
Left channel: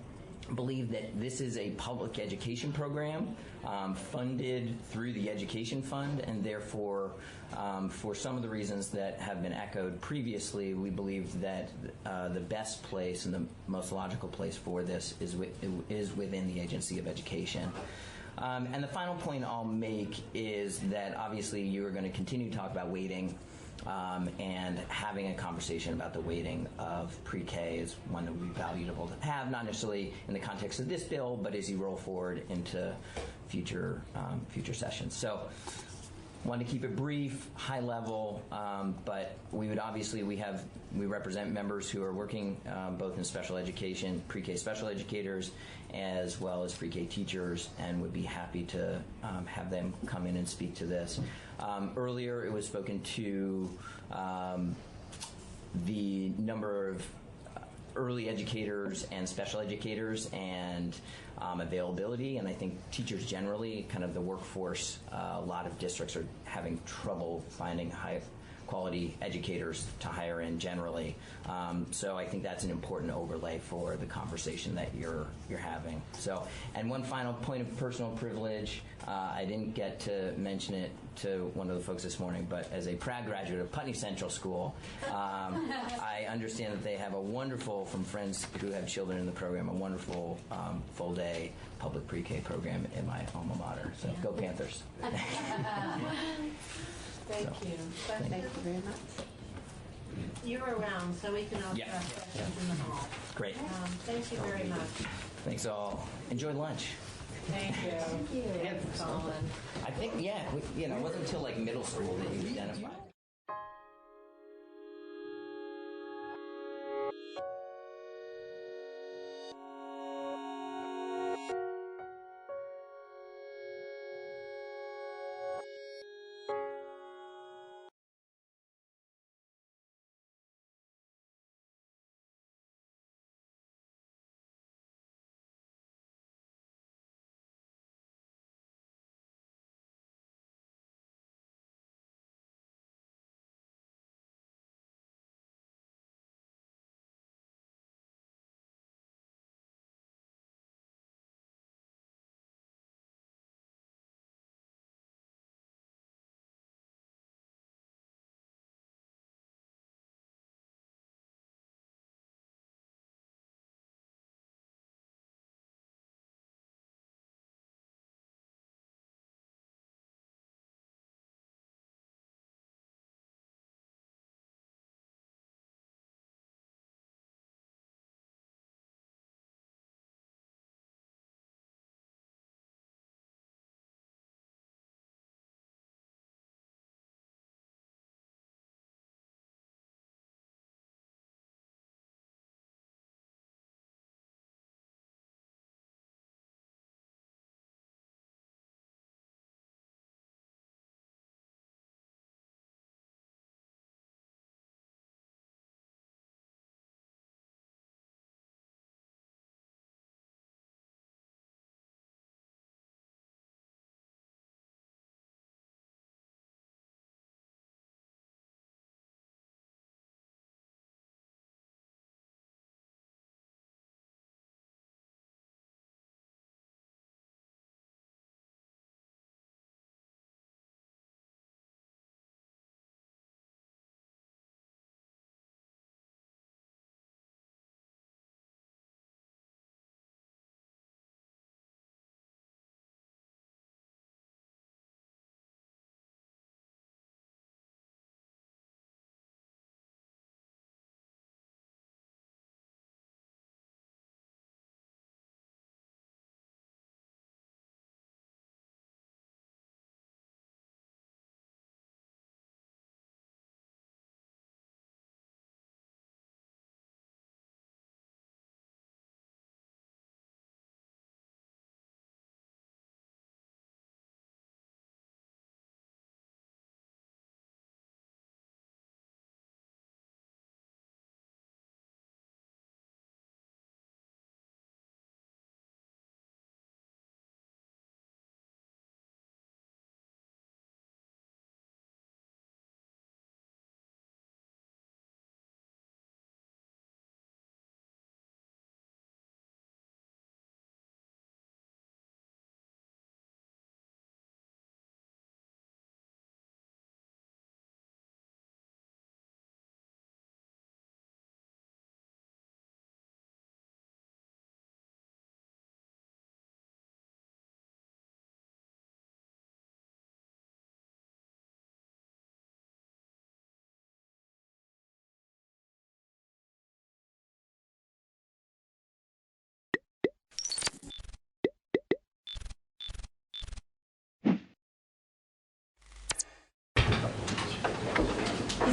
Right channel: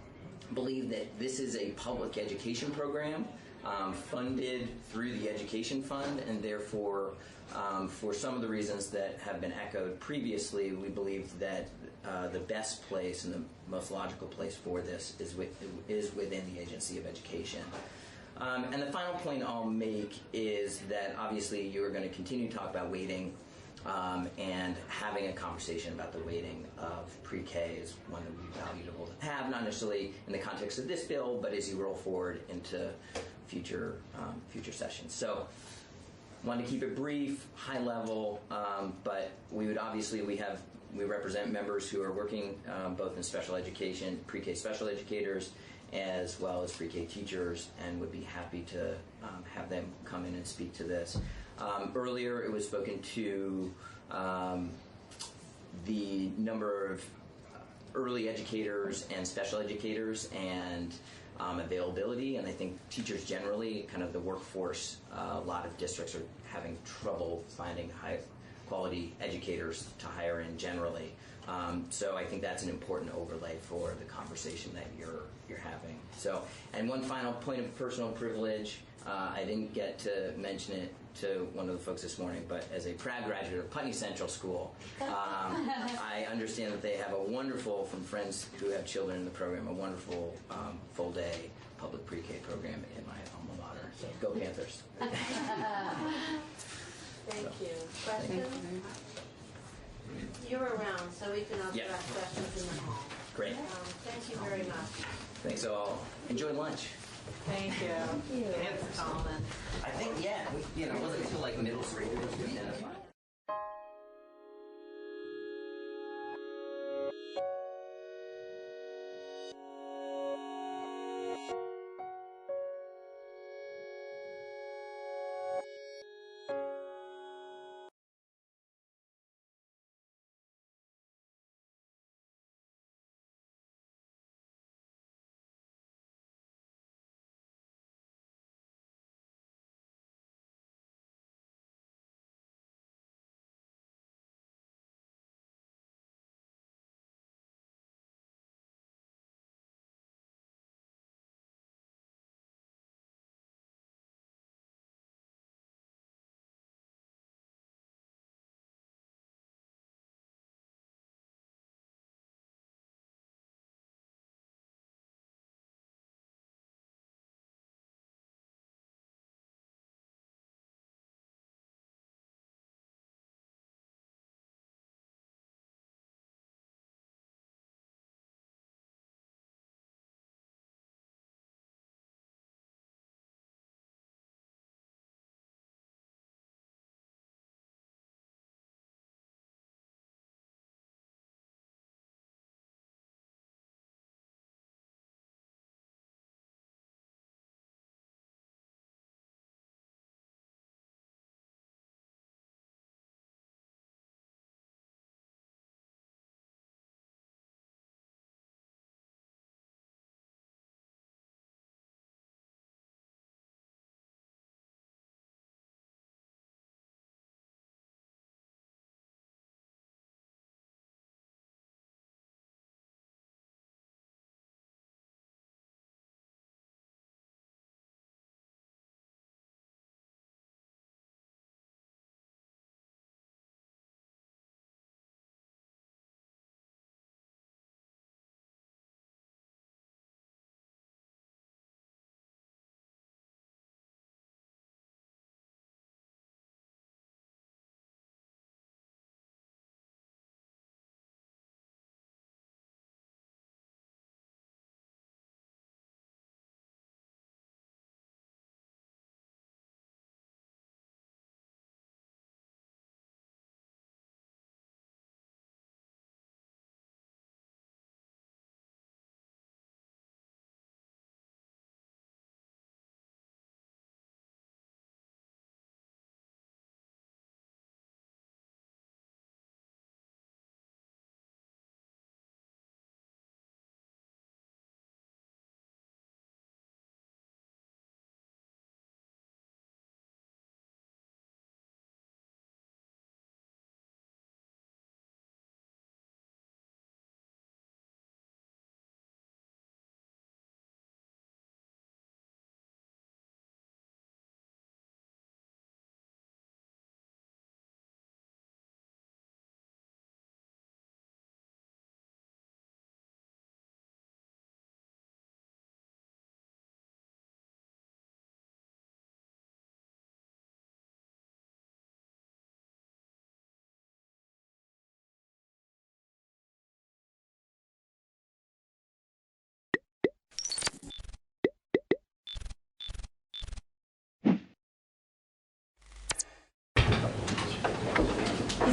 believe that this is a public education program funded through the Education Fund, and therefore, for some of the reasons that have been echoed previously, we believe that the best place and the most logical place for this is within the Agency of Education. And the final point I'll make is that obviously you are going to continue to talk about weighting, and having a conversation about the weighting of pre-K is one that would be valuable to have, not necessarily in the context of this bill, but as you roll forward into future sessions. So, wanted to keep it brief, high level, but we would obviously we represent members who are working both in special education, pre-K special educators, as well as pre-K teachers, and would be happy to have them come in and speak to this. Earlier, it was spoken to the number of early educators and special educators and availability, and I think teachers generally, kind of the workforce, a lot of districts are having trouble finding high quality educators to hire in generally. So I think that's an important overlay for the conversation that you're having. So, and one final point of personal privilege, I didn't get to mention it to one of the folks this morning, but as a proud graduate of Putney Central School, I understand that they have a wonderful, from friends who have children in the program, a wonderful full day public pre-K program in my alma mater. So go Panthers. Thank you. Thank you very much. You're around, so we can also Yeah. ask questions in the hall. Great. Thank you very much. Thanks all. Enjoy lunch. Thank you. Thank you. I think, yeah, it wasn't until like middle school that you identified.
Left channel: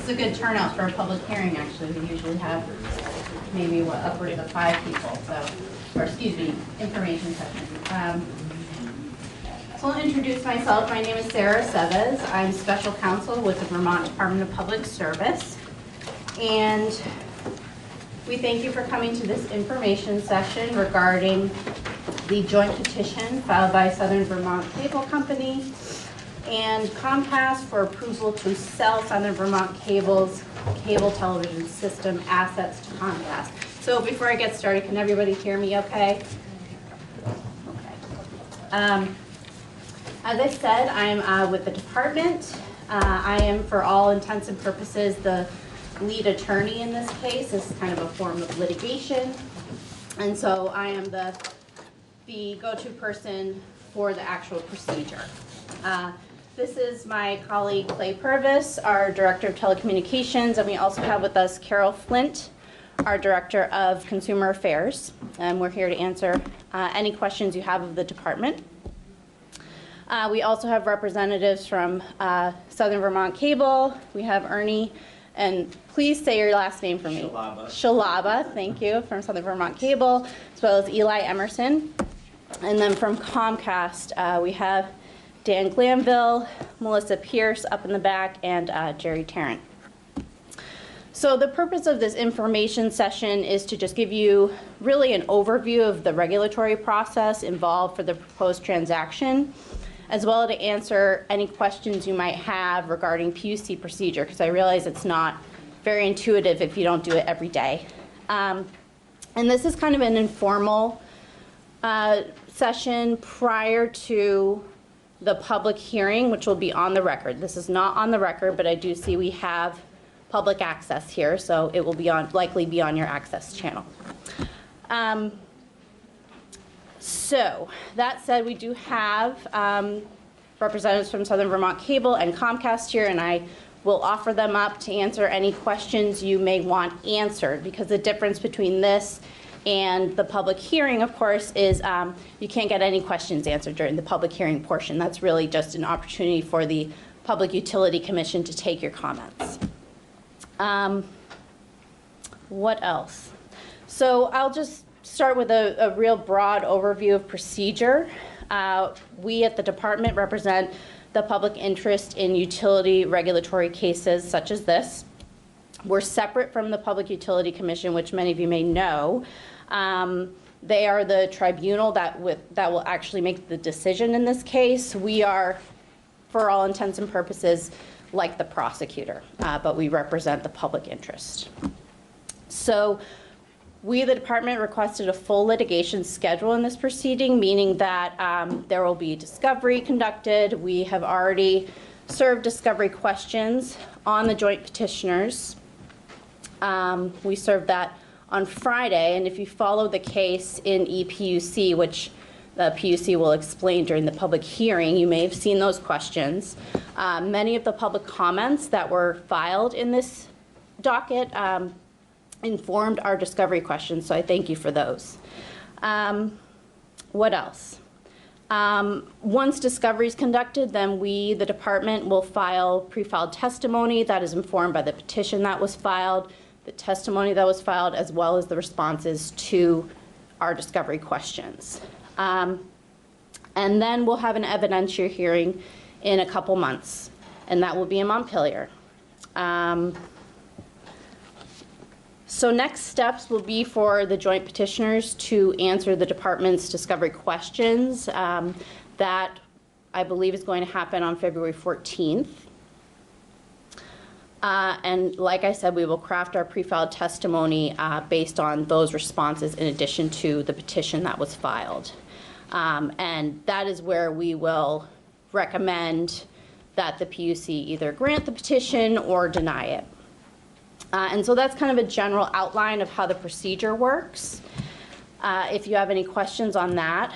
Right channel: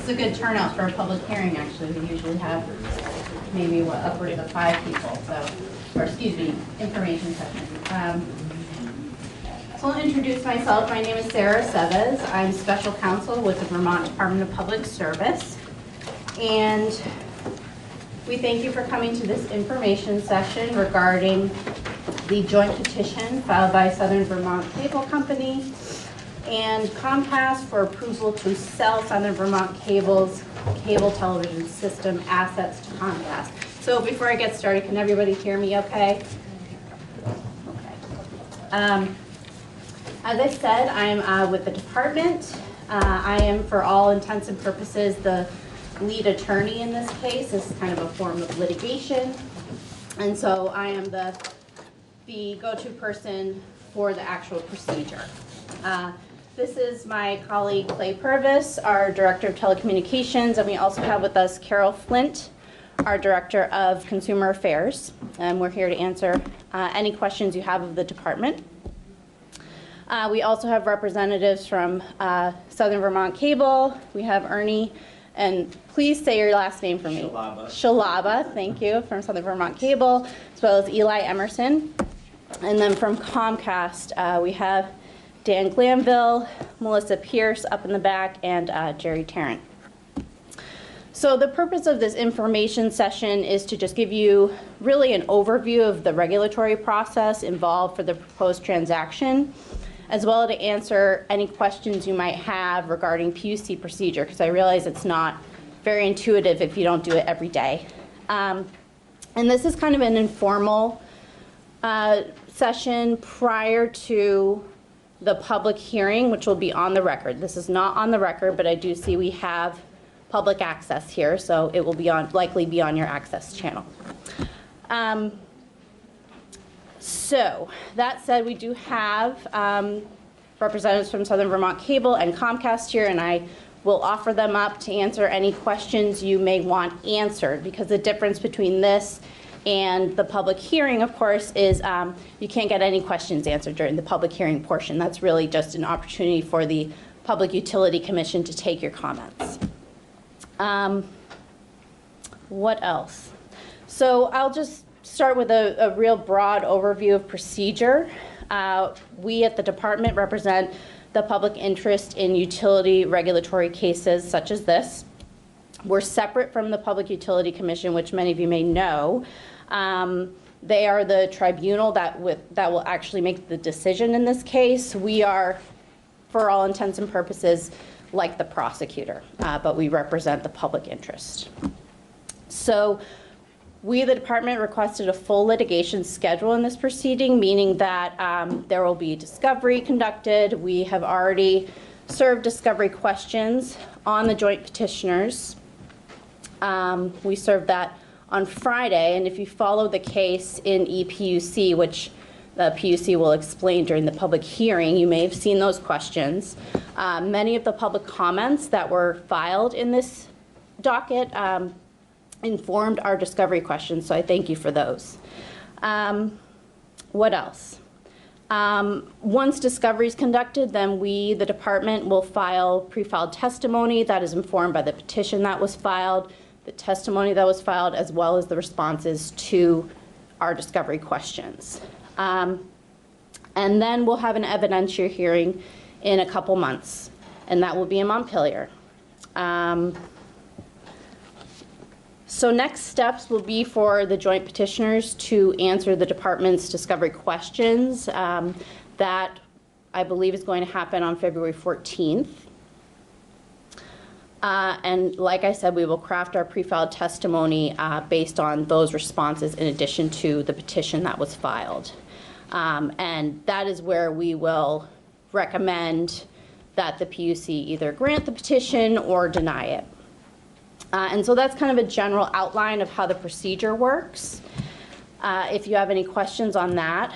It's a good turnout for a public hearing, actually. We usually have maybe, upwards of 5 people, so, or excuse me, information session. So I'll introduce myself. My name is Sarah Seves. I'm special counsel with the Vermont Department of Public Service. And we thank you for coming to this information session regarding the joint petition filed by Southern Vermont Cable Company and Comcast for approval to sell Southern Vermont Cable's cable television system assets to Comcast. So before I get started, can everybody hear me okay? Okay. As I said, I'm with the department. I am, for all intents and purposes, the lead attorney in this case. This is kind of a form of litigation. And so I am the go-to person for the actual procedure. This is my colleague Clay Purvis, our Director of Telecommunications, and we also have with us Carol Flint, our Director of Consumer Affairs. And we're here to answer any questions you have of the department. We also have representatives from Southern Vermont Cable. We have Ernie, and please say your last name for me. Shalaba, thank you, from Southern Vermont Cable, as well as Eli Emerson. And then from Comcast, we have Dan Glanville, Melissa Pierce up in the back, and Jerry Tarrant. So the purpose of this information session is to just give you really an overview of the regulatory process involved for the proposed transaction, as well as to answer any questions you might have regarding PUC procedure, because I realize it's not very intuitive if you don't do it every day. And this is kind of an informal session prior to the public hearing, which will be on the record. This is not on the record, but I do see we have public access here, so it will be likely be on your access channel. So that said, we do have representatives from Southern Vermont Cable and Comcast here, and I will offer them up to answer any questions you may want answered, because the difference between this and the public hearing, of course, is you can't get any questions answered during the public hearing portion. That's really just an opportunity for the Public Utility Commission to take your comments. What else? So I'll just start with a real broad overview of procedure. We at the department represent the public interest in utility regulatory cases such as this. We're separate from the Public Utility Commission, which many of you may know. They are the tribunal that will actually make the decision in this case. We are, for all intents and purposes, like the prosecutor, but we represent the public interest. So we, the department, requested a full litigation schedule in this proceeding, meaning that there will be discovery conducted. We have already served discovery questions on the joint petitioners. We served that on Friday, and if you follow the case in EPUC, which the PUC will explain during the public hearing, you may have seen those questions. Many of the public comments that were filed in this docket informed our discovery questions, so I thank you for those. What else? Once discovery is conducted, then we, the department, will file pre-filed testimony that is informed by the petition that was filed, the testimony that was filed, as well as the responses to our discovery questions. And then we'll have an evidentiary hearing in a couple months, and that will be in Montpelier. So next steps will be for the joint petitioners to answer the department's discovery questions. That, I believe, is going to happen on February 14th. And like I said, we will craft our pre-filed testimony based on those responses in addition to the petition that was filed. And that is where we will recommend that the PUC either grant the petition or deny it. And so that's kind of a general outline of how the procedure works. If you have any questions on that,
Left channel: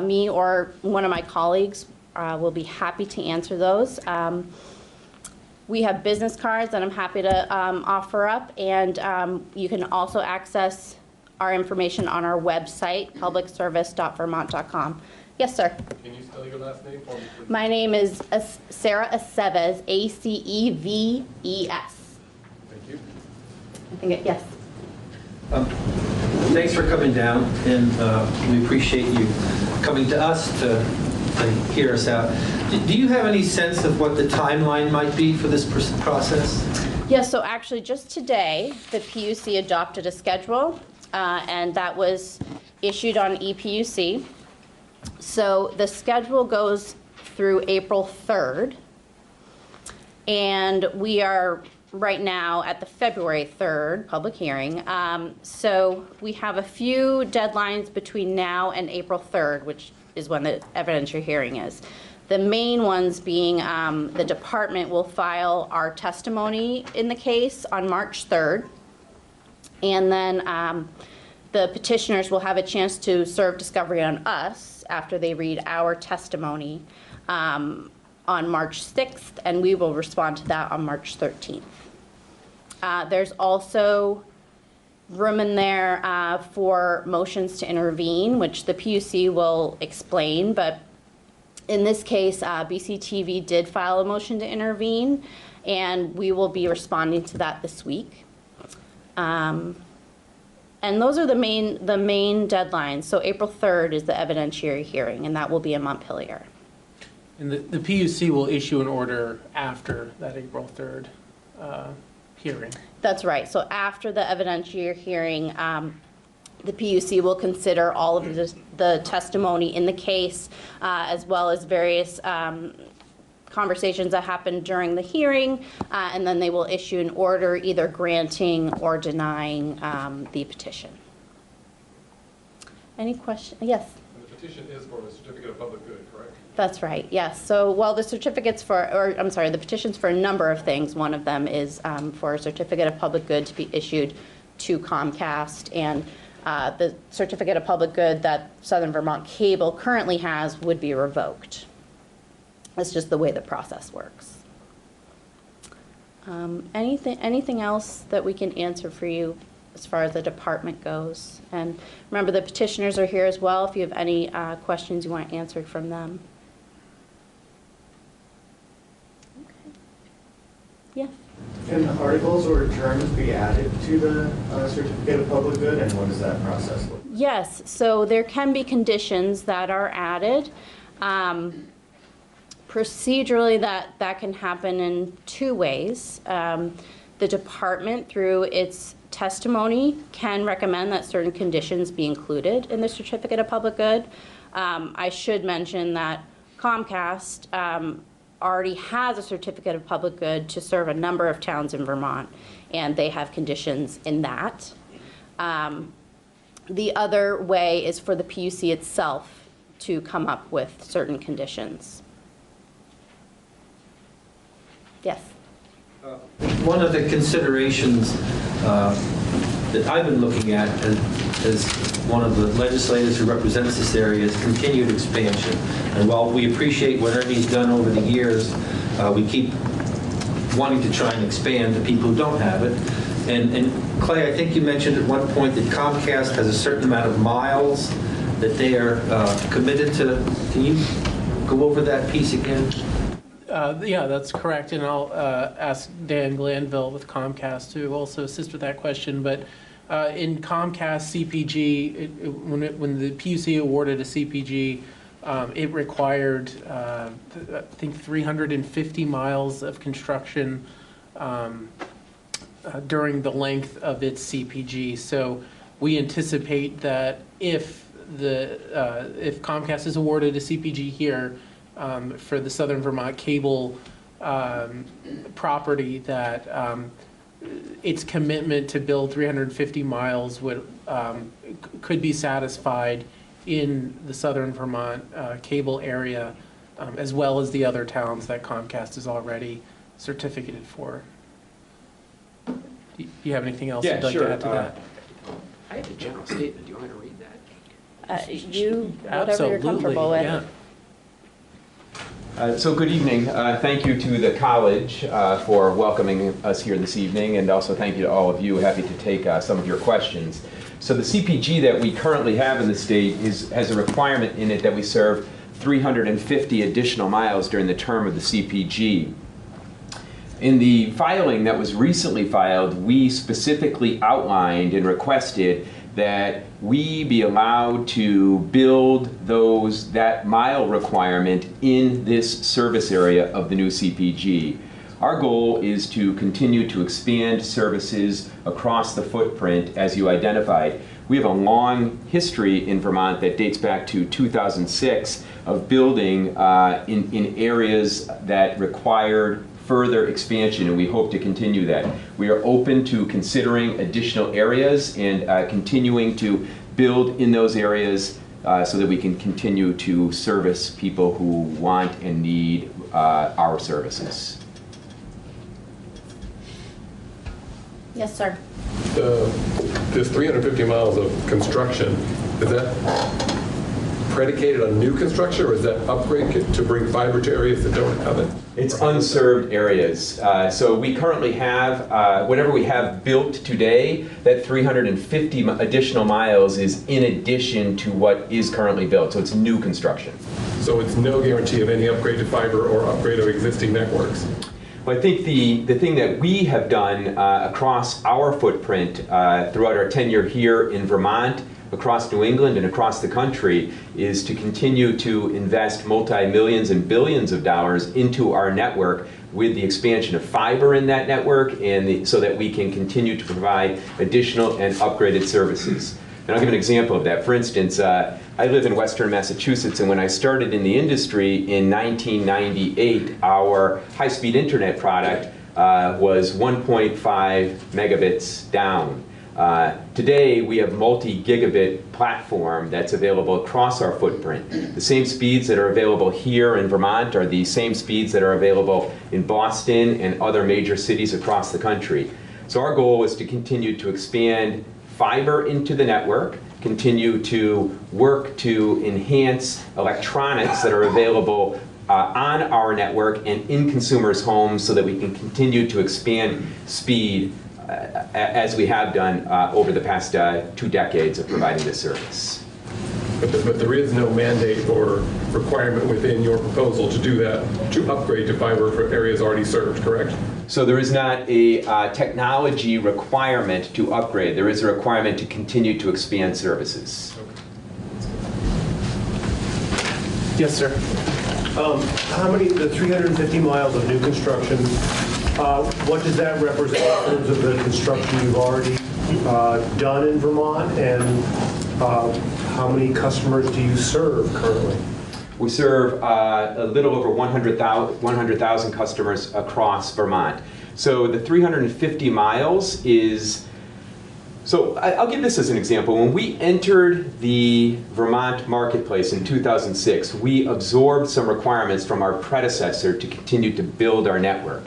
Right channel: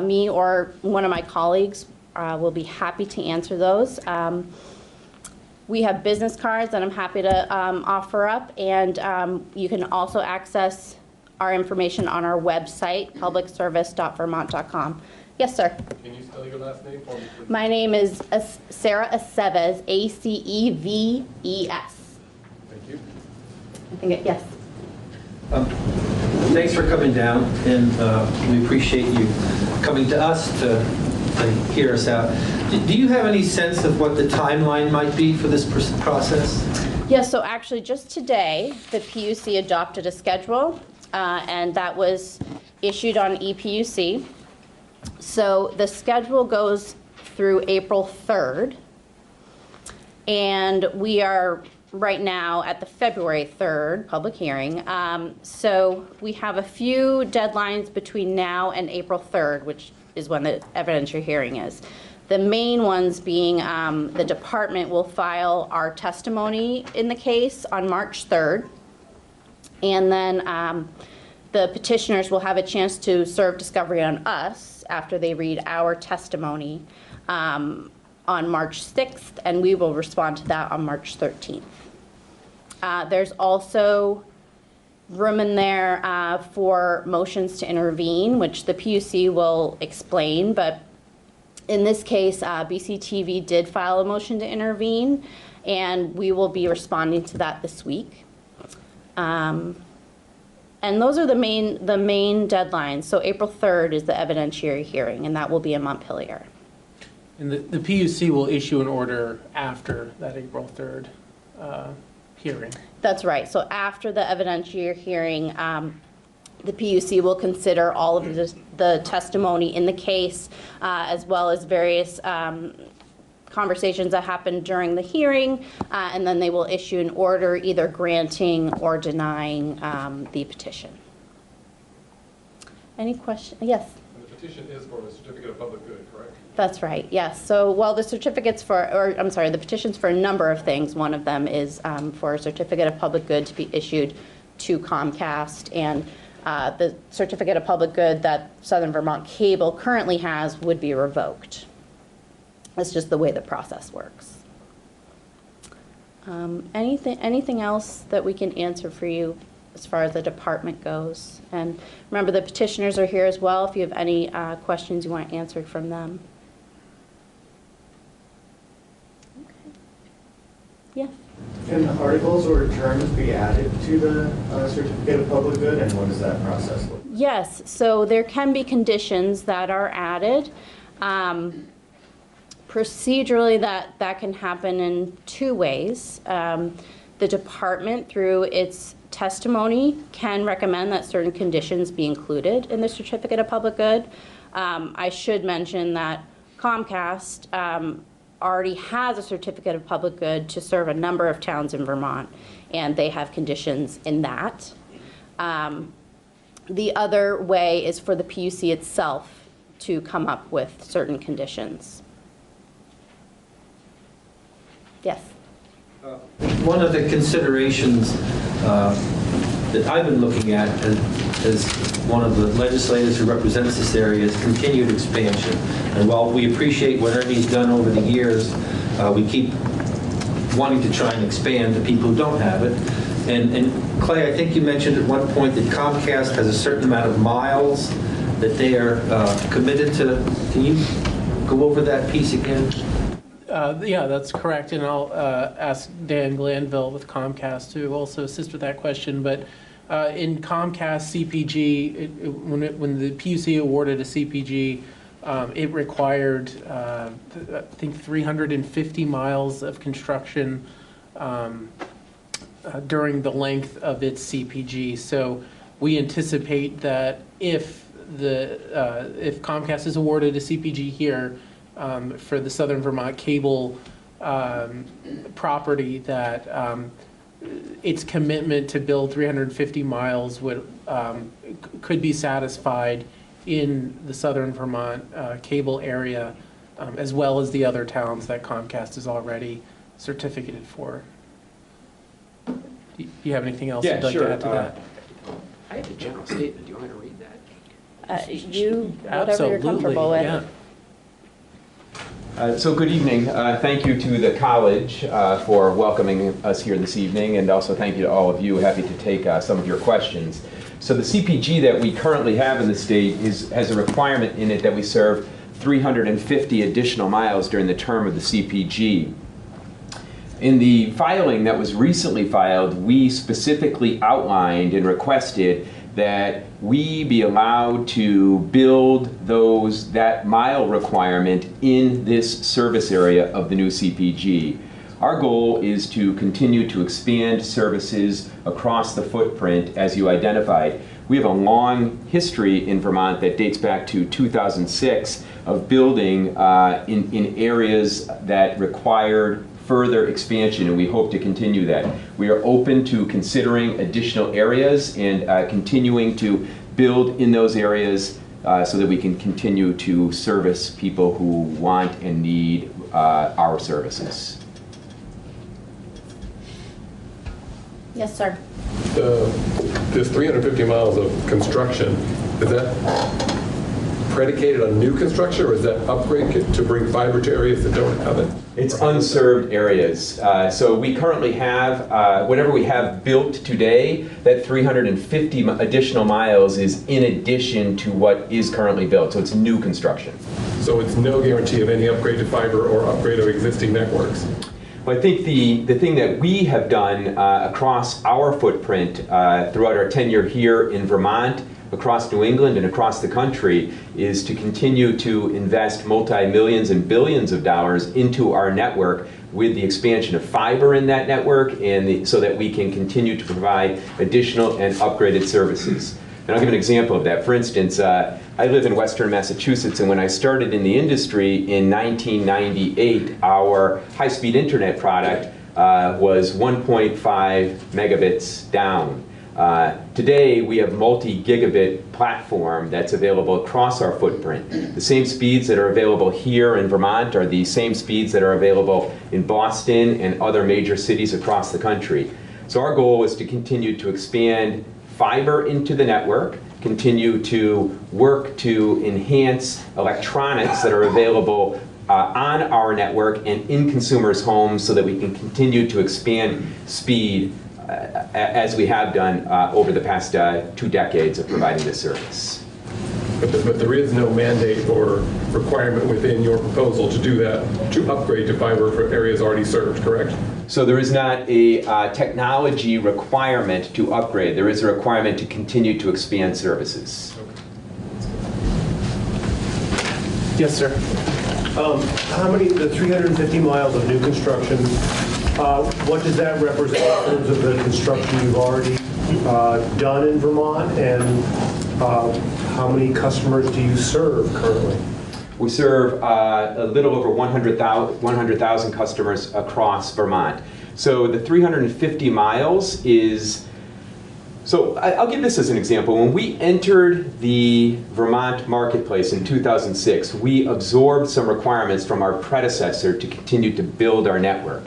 me or one of my colleagues will be happy to answer those. We have business cards that I'm happy to offer up, and you can also access our information on our website, publicservice.vermont.com. Yes, sir. Can you spell your last name for me, please? My name is Sarah Aceves, Aceves. I think, yes. Thanks for coming down, and we appreciate you coming to us to hear us out. Do you have any sense of what the timeline might be for this process? Yes, so actually just today, the PUC adopted a schedule, and that was issued on ePUC. So the schedule goes through April 3rd, and we are right now at the February 3rd public hearing. So we have a few deadlines between now and April 3rd, which is when the evidentiary hearing is. The main ones being the department will file our testimony in the case on March 3rd. And then the petitioners will have a chance to serve discovery on us after they read our testimony on March 6th, and we will respond to that on March 13th. There's also room in there for motions to intervene, which the PUC will explain, but in this case, BCTV did file a motion to intervene, and we will be responding to that this week. And those are the main deadlines. So April 3rd is the evidentiary hearing, and that will be in Montpelier. And the PUC will issue an order after that April 3rd hearing. That's right. So after the evidentiary hearing, the PUC will consider all of the testimony in the case, as well as various conversations that happened during the hearing, and then they will issue an order either granting or denying the petition. Any question? Yes? And the petition is for a certificate of public good, correct? That's right, yes. So, well, the certificates the petition's for a number of things. One of them is for a certificate of public good to be issued to Comcast, and the certificate of public good that Southern Vermont Cable currently has would be revoked. That's just the way the process works. Anything else that we can answer for you as far as the department goes? And remember, the petitioners are here as well if you have any questions you want answered from them. Okay. Yeah. Can articles or terms be added to the certificate of public good, and what does that process look like? Yes, so there can be conditions that are added. Procedurally, that can happen in two ways. The department, through its testimony, can recommend that certain conditions be included in the certificate of public good. I should mention that Comcast already has a certificate of public good to serve a number of towns in Vermont, and they have conditions in that. The other way is for the PUC itself to come up with certain conditions. Yes? One of the considerations that I've been looking at as one of the legislators who represents this area is continued expansion. And while we appreciate what Ernie's done over the years, we keep wanting to try and expand to people who don't have it. And Clay, I think you mentioned at one point that Comcast has a certain amount of miles that they are committed to. Can you go over that piece again? Yeah, that's correct, and I'll ask Dan Glanville with Comcast to also assist with that question. But in Comcast CPG, when the PUC awarded a CPG, it required, I think, 350 miles of construction during the length of its CPG. So we anticipate that if Comcast is awarded a CPG here, for the Southern Vermont Cable property, that its commitment to build 350 miles could be satisfied in the Southern Vermont Cable area, as well as the other towns that Comcast is already certificated for. Do you have anything else you'd like to add to that? I have a general statement. Do you want me to read that? Whatever Absolutely, you're comfortable with. Yeah. So good evening. Thank you to the college for welcoming us here this evening, and also thank you to all of you. Happy to take some of your questions. So the CPG that we currently have in the state has a requirement in it that we serve 350 additional miles during the term of the CPG. In the filing that was recently filed, we specifically outlined and requested that we be allowed to build that mile requirement in this service area of the new CPG. Our goal is to continue to expand services across the footprint as you identified. We have a long history in Vermont that dates back to 2006 of building in areas that required further expansion, and we hope to continue that. We are open to considering additional areas and continuing to build in those areas so that we can continue to service people who want and need our services. Yes, sir. This 350 miles of construction, is that predicated on new construction, or is that upgrade to bring fiber to areas that don't have it? It's unserved areas. So we currently have, whatever we have built today, that 350 additional miles is in addition to what is currently built. So it's new construction. So it's no guarantee of any upgrade to fiber or upgrade of existing networks? Well, I think the thing that we have done across our footprint throughout our tenure here in Vermont, across New England and across the country, is to continue to invest multi-millions and billions of dollars into our network with the expansion of fiber in that network, and so that we can continue to provide additional and upgraded services. And I'll give an example of that. For instance, I live in Western Massachusetts, and when I started in the industry in 1998, our high-speed internet product was 1.5 megabits down. Today, we have multi-gigabit platform that's available across our footprint. The same speeds that are available here in Vermont are the same speeds that are available in Boston and other major cities across the country. So our goal is to continue to expand fiber into the network, continue to work to enhance electronics that are available on our network and in consumers' homes so that we can continue to expand speed as we have done over the past 2 decades of providing this service. But there is no mandate or requirement within your proposal to do that, to upgrade to fiber for areas already served, correct? So there is not a technology requirement to upgrade. There is a requirement to continue to expand services. Yes, sir. How many, the 350 miles of new construction, what does that represent in terms of the construction you've already done in Vermont, and how many customers do you serve currently? We serve a little over 100,000 customers across Vermont. So the 350 miles is, so I'll give this as an example. When we entered the Vermont marketplace in 2006, we absorbed some requirements from our predecessor to continue to build our network.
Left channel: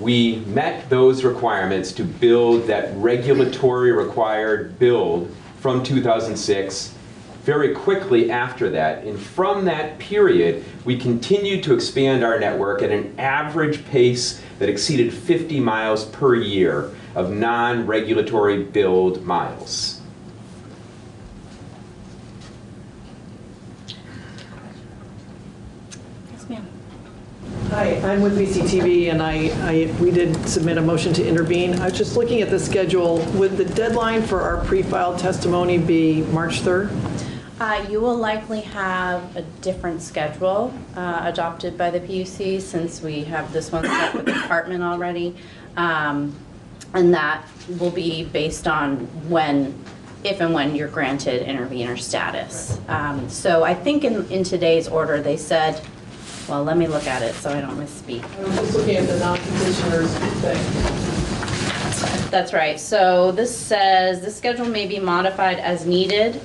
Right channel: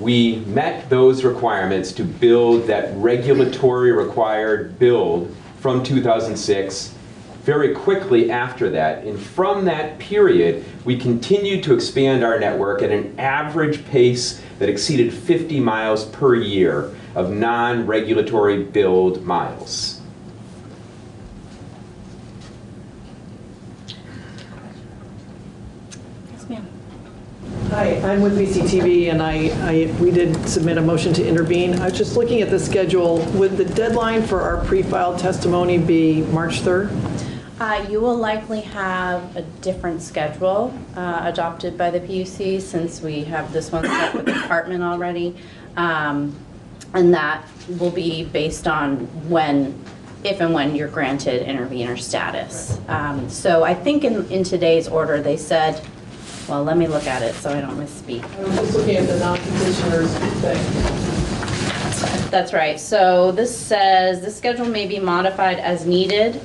We met those requirements to build that regulatory required build from 2006 very quickly after that. And from that period, we continued to expand our network at an average pace that exceeded 50 miles per year of non-regulatory build miles. Yes, ma'am. Hi, I'm with BCTV, and we did submit a motion to intervene. I was just looking at the schedule. Would the deadline for our pre-filed testimony be March 3rd? You will likely have a different schedule adopted by the PUC, since we have this one set with the department already. And that will be based on if and when you're granted intervener status. So I think in today's order they said, well, let me look at it so I don't misspeak. I was just looking at the non-petitioners thing. That's right. So this says the schedule may be modified as needed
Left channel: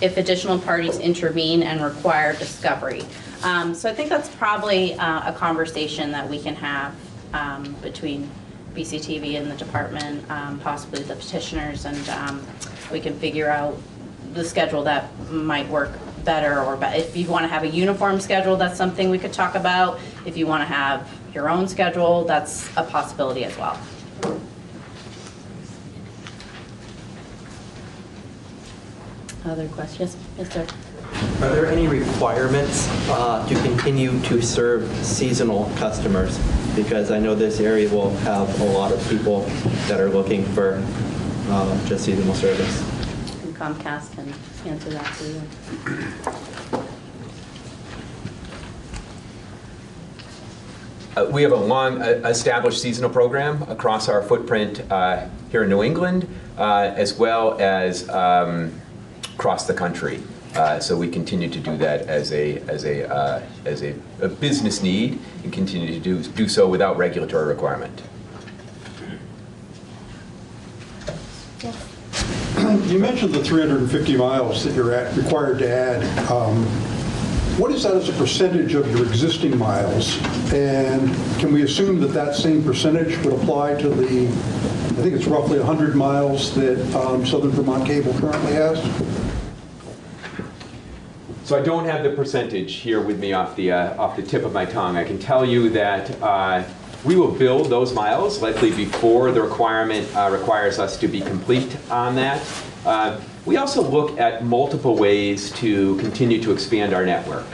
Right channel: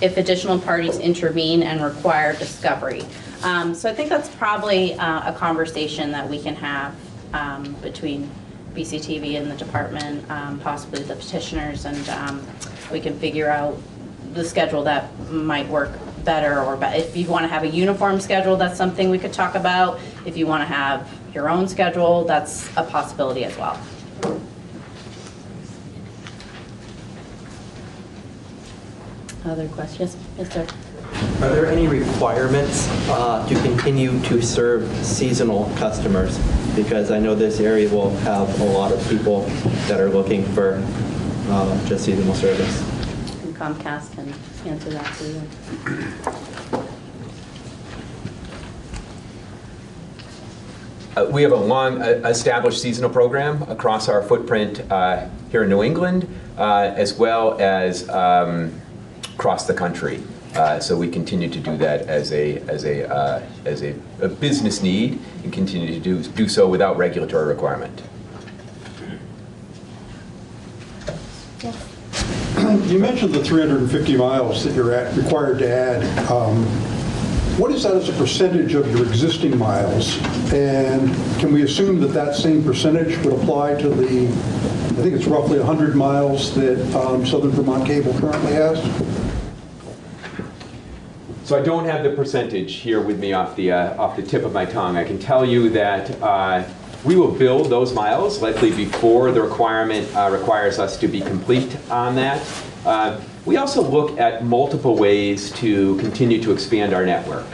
if additional parties intervene and require discovery. So I think that's probably a conversation that we can have between BCTV and the department, possibly the petitioners, and we can figure out the schedule that might work better, or if you want to have a uniform schedule, that's something we could talk about. If you want to have your own schedule, that's a possibility as well. Other questions? Yes, sir. Are there any requirements to continue to serve seasonal customers? Because I know this area will have a lot of people that are looking for just seasonal service. And Comcast can answer that too. We have a long established seasonal program across our footprint here in New England, as well as across the country. So we continue to do that as a business need, and continue to do so without regulatory requirement. You mentioned the 350 miles that you're required to add. What is that as a percentage of your existing miles? And can we assume that that same percentage would apply to the, I think it's roughly 100 miles that Southern Vermont Cable currently has? So I don't have the percentage here with me off the tip of my tongue. I can tell you that we will build those miles likely before the requirement requires us to be complete on that. We also look at multiple ways to continue to expand our network.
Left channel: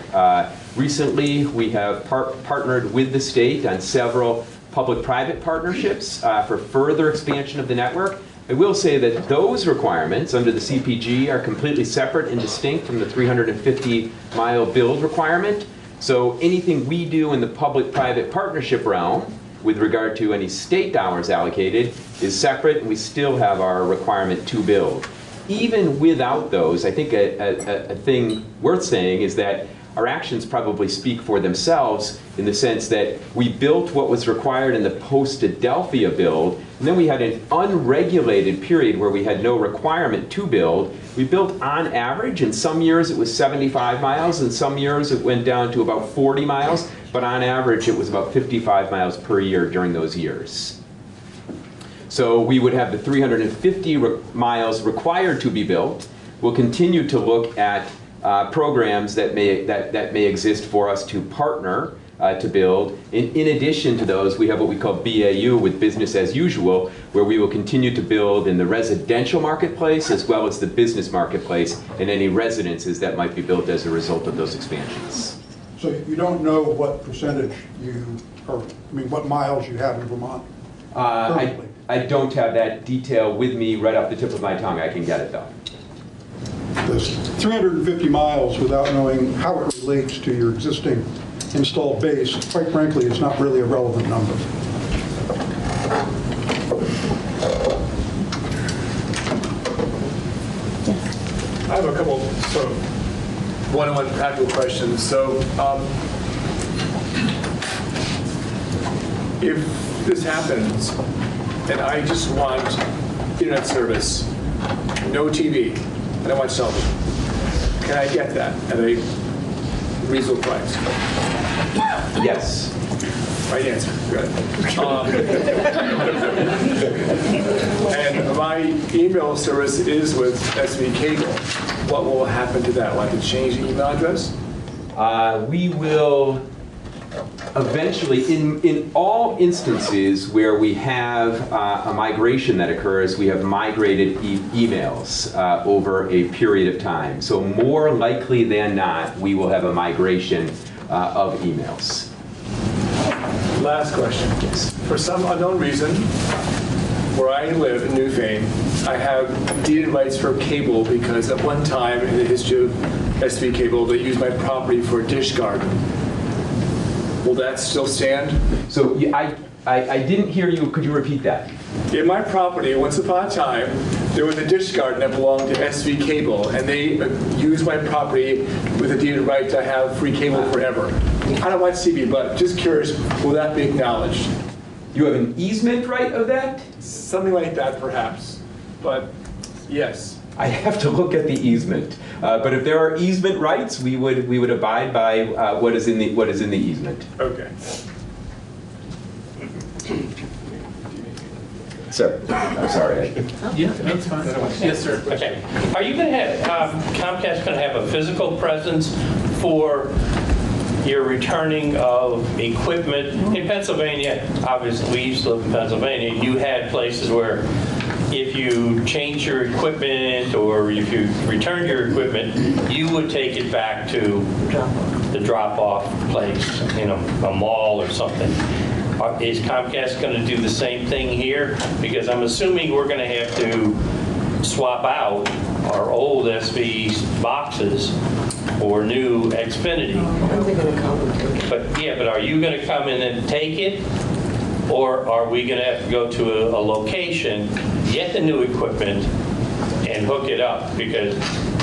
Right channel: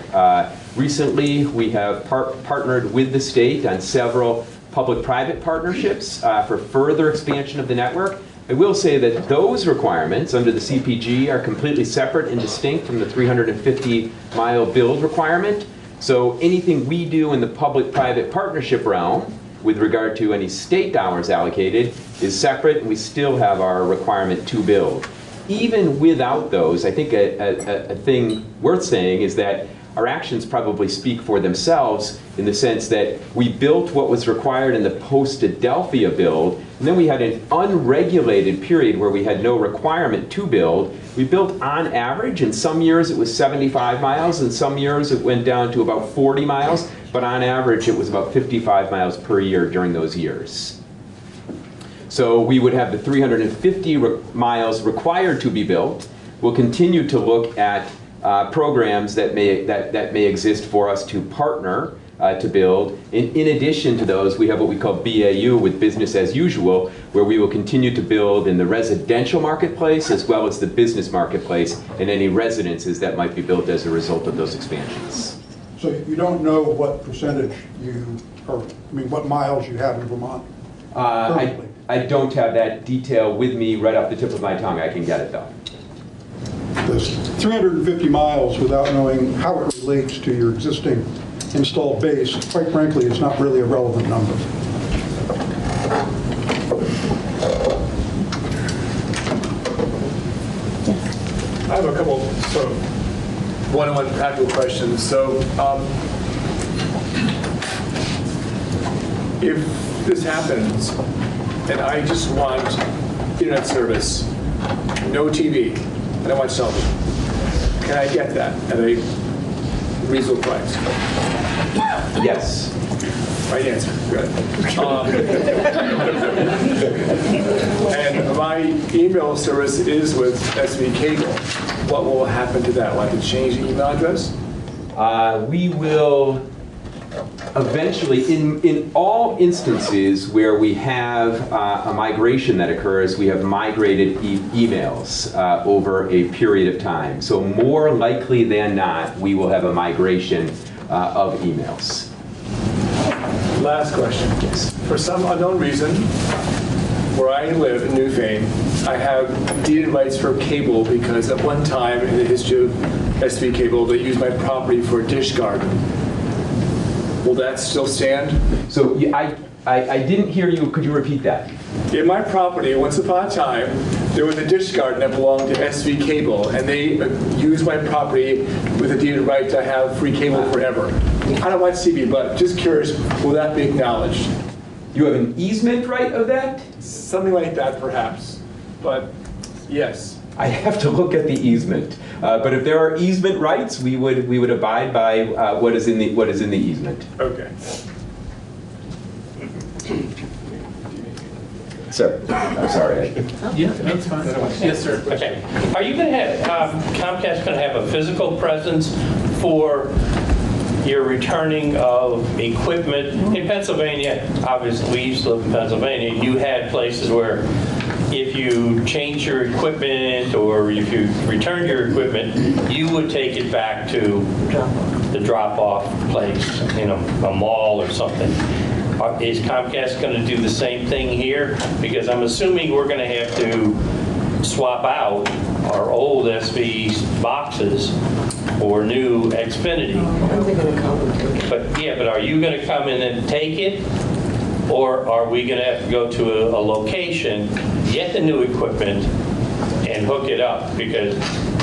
Recently, we have partnered with the state on several public-private partnerships for further expansion of the network. I will say that those requirements under the CPG are completely separate and distinct from the 350-mile build requirement. So anything we do in the public-private partnership realm with regard to any state dollars allocated is separate, and we still have our requirement to build. Even without those, I think a thing worth saying is that our actions probably speak for themselves in the sense that we built what was required in the post-Adelphia build, and then we had an unregulated period where we had no requirement to build. We built on average, in some years it was 75 miles, in some years it went down to about 40 miles, but on average it was about 55 miles per year during those years. So we would have the 350 miles required to be built. We'll continue to look at programs that may exist for us to partner to build. In addition to those, we have what we call BAU, with business as usual, where we will continue to build in the residential marketplace as well as the business marketplace and any residences that might be built as a result of those expansions. So you don't know what percentage what miles you have in Vermont currently? I don't have that detail with me right off the tip of my tongue. I can get it though. This 350 miles without knowing how it relates to your existing installed base, quite frankly, it's not really a relevant number. I have a couple sort of one-on-one practical questions. So if this happens and I just want internet service, no TV, and I want television, can I get that at a reasonable price? Yes. Right answer. Good. And my email service is with SV Cable. What will happen to that? Will I have to change the email address? We will eventually, in all instances where we have a migration that occurs, we have migrated emails over a period of time. So more likely than not, we will have a migration of emails. Last question. Yes. For some unknown reason, where I live in Newfane, I have deeded rights for cable because at one time in the history of SV Cable, they used my property for a dish garden. Will that still stand? So I didn't hear you. Could you repeat that? In my property, once upon a time, there was a dish garden that belonged to SV Cable, and they used my property with a deeded right to have free cable forever. I don't watch TV, but just curious, will that be acknowledged? You have an easement right of that? Something like that, perhaps. But yes. I have to look at the easement. But if there are easement rights, we would abide by what is in the easement. Okay. Sir, I'm sorry. Yeah, that's fine. Yes, sir. Okay. Are you going to have, Comcast going to have a physical presence for your returning of equipment? In Pennsylvania, obviously we used to live in Pennsylvania, you had places where if you change your equipment or if you return your equipment, you would take it back to the drop-off place in a mall or something. Is Comcast going to do the same thing here? Because I'm assuming we're going to have to swap out our old SV boxes for new Xfinity. But are you going to come in and take it? Or are we going to have to go to a location, get the new equipment, and hook it up? Because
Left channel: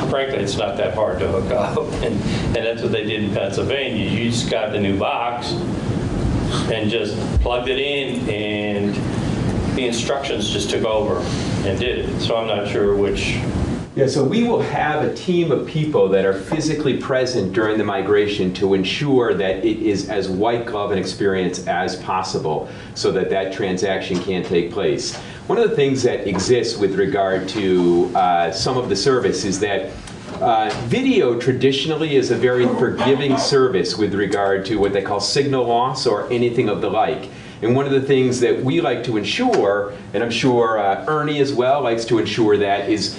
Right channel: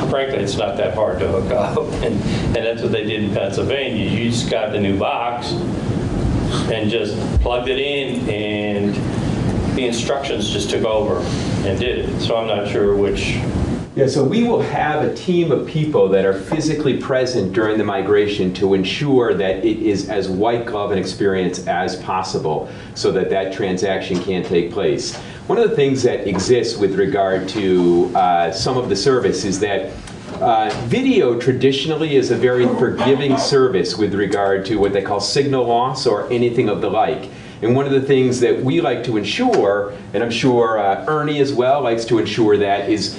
frankly, it's not that hard to hook up. And that's what they did in Pennsylvania. You just got the new box and just plugged it in, and the instructions just took over and did it. So I'm not sure which. Yeah, so we will have a team of people that are physically present during the migration to ensure that it is as white glove an experience as possible so that that transaction can take place. One of the things that exists with regard to some of the service is that video traditionally is a very forgiving service with regard to what they call signal loss or anything of the like. And one of the things that we like to ensure, and I'm sure Ernie as well likes to ensure that, is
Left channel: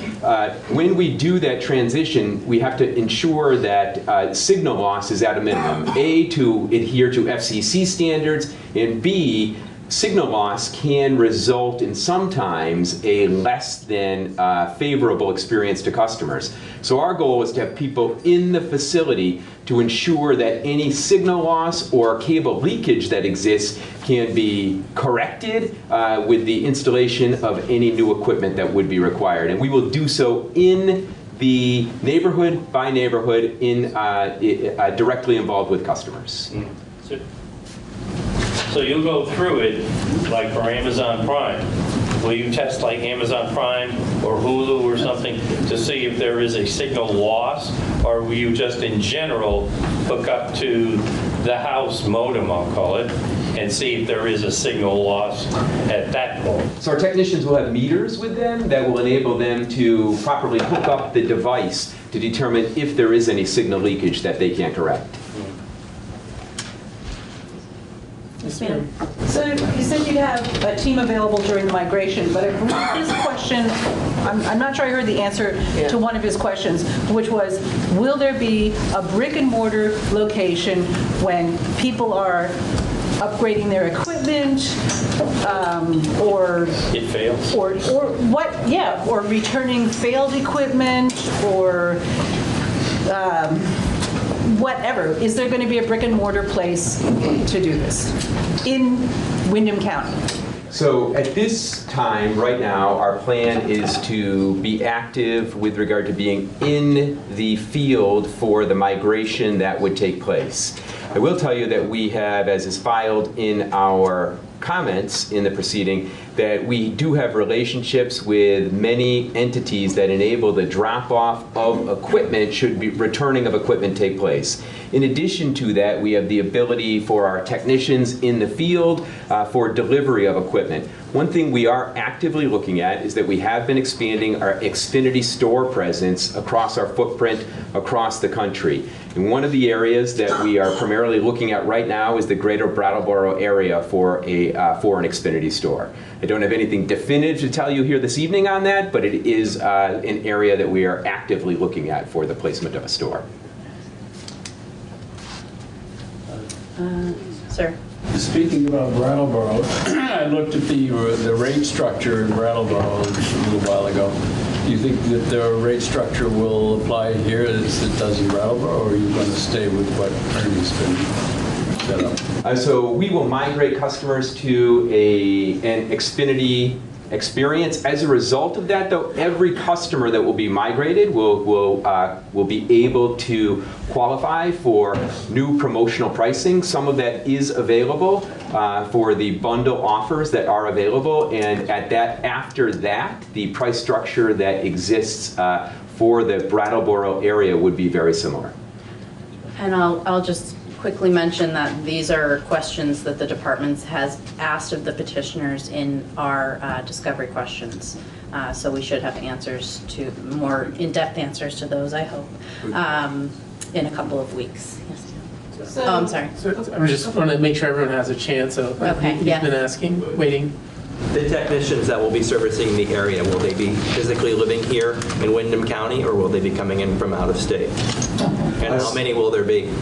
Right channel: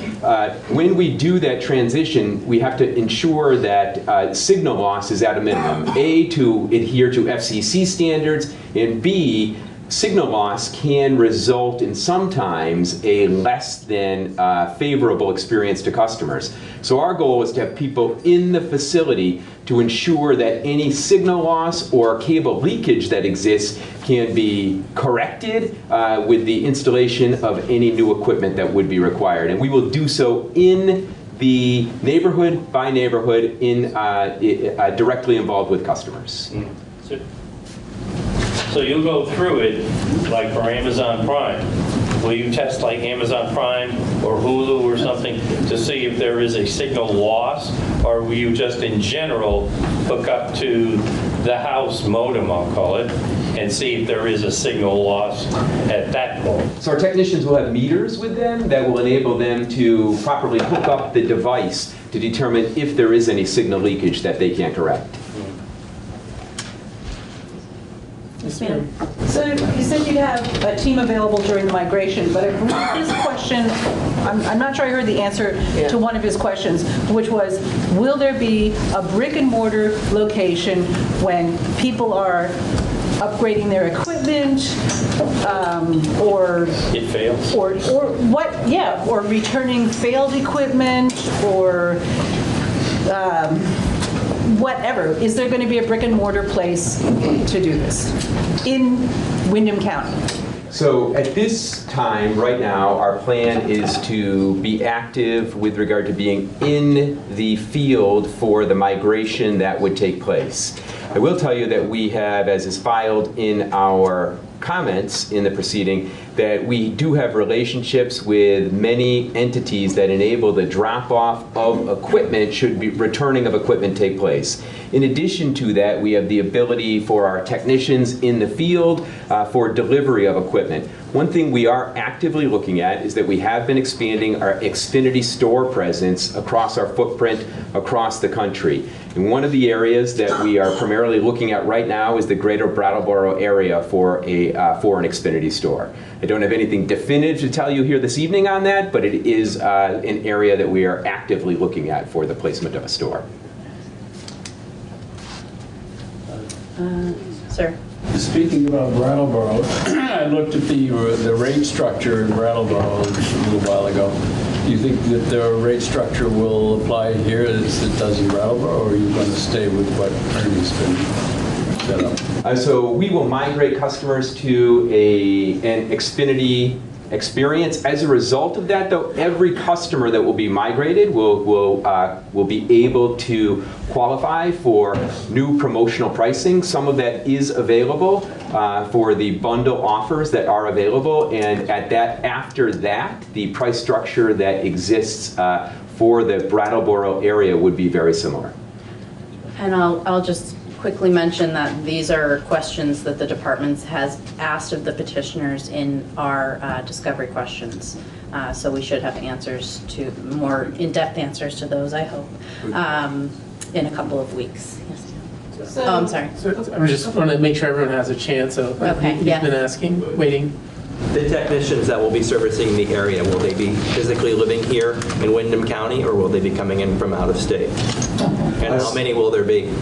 when we do that transition, we have to ensure that signal loss is at a minimum. A, to adhere to FCC standards, and B, signal loss can result in sometimes a less than favorable experience to customers. So our goal is to have people in the facility to ensure that any signal loss or cable leakage that exists can be corrected with the installation of any new equipment that would be required. And we will do so in the neighborhood by neighborhood, directly involved with customers. So you'll go through it like for Amazon Prime. Will you test like Amazon Prime or Hulu or something to see if there is a signal loss? Or will you just in general hook up to the house modem, I'll call it, and see if there is a signal loss at that point? So our technicians will have meters with them that will enable them to properly hook up the device to determine if there is any signal leakage that they can correct. So you said you'd have a team available during the migration, but his question, I'm not sure I heard the answer to one of his questions, which was, will there be a brick and mortar location when people are upgrading their equipment, or it fails, or what? Yeah, or returning failed equipment, or whatever. Is there going to be a brick and mortar place to do this in Windham County? So at this time, right now, our plan is to be active with regard to being in the field for the migration that would take place. I will tell you that we have, as is filed in our comments in the proceeding, that we do have relationships with many entities that enable the drop-off of equipment should be returning of equipment take place. In addition to that, we have the ability for our technicians in the field for delivery of equipment. One thing we are actively looking at is that we have been expanding our Xfinity store presence across our footprint across the country. And one of the areas that we are primarily looking at right now is the greater Brattleboro area for an Xfinity store. I don't have anything definitive to tell you here this evening on that, but it is an area that we are actively looking at for the placement of a store. Sir. Speaking about Brattleboro, I looked at the rate structure in Brattleboro a little while ago. Do you think that the rate structure will apply here as it does in Brattleboro, or are you going to stay with what Ernie's been set up? So we will migrate customers to an Xfinity experience. As a result of that, though, every customer that will be migrated will be able to qualify for new promotional pricing. Some of that is available for the bundle offers that are available, and after that, the price structure that exists for the Brattleboro area would be very similar. And I'll just quickly mention that these are questions that the department has asked of the petitioners in our discovery questions. So we should have answers to, more in-depth answers to those, I hope, in a couple of weeks. Yes. So, I'm sorry. So I just want to make sure everyone has a chance. So okay, he's been asking, waiting. The technicians that will be servicing the area, will they be physically living here in Windham County, or will they be coming in from out of state? And how many will there be?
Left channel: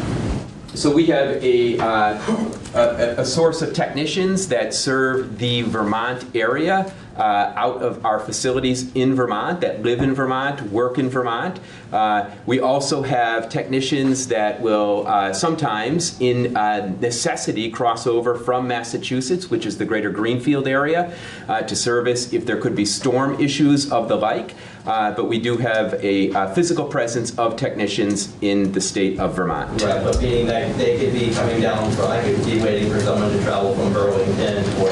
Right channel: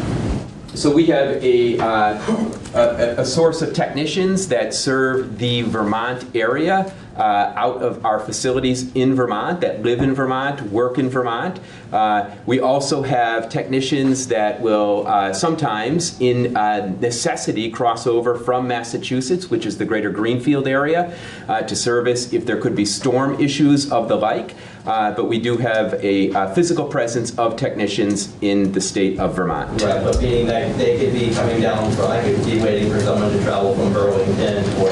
So we have a source of technicians that serve the Vermont area out of our facilities in Vermont, that live in Vermont, work in Vermont. We also have technicians that will sometimes, in necessity, cross over from Massachusetts, which is the greater Greenfield area, to service if there could be storm issues of the like. But we do have a physical presence of technicians in the state of Vermont. Right, but meaning that they could be coming down from, I could be waiting for someone to travel from Burlington or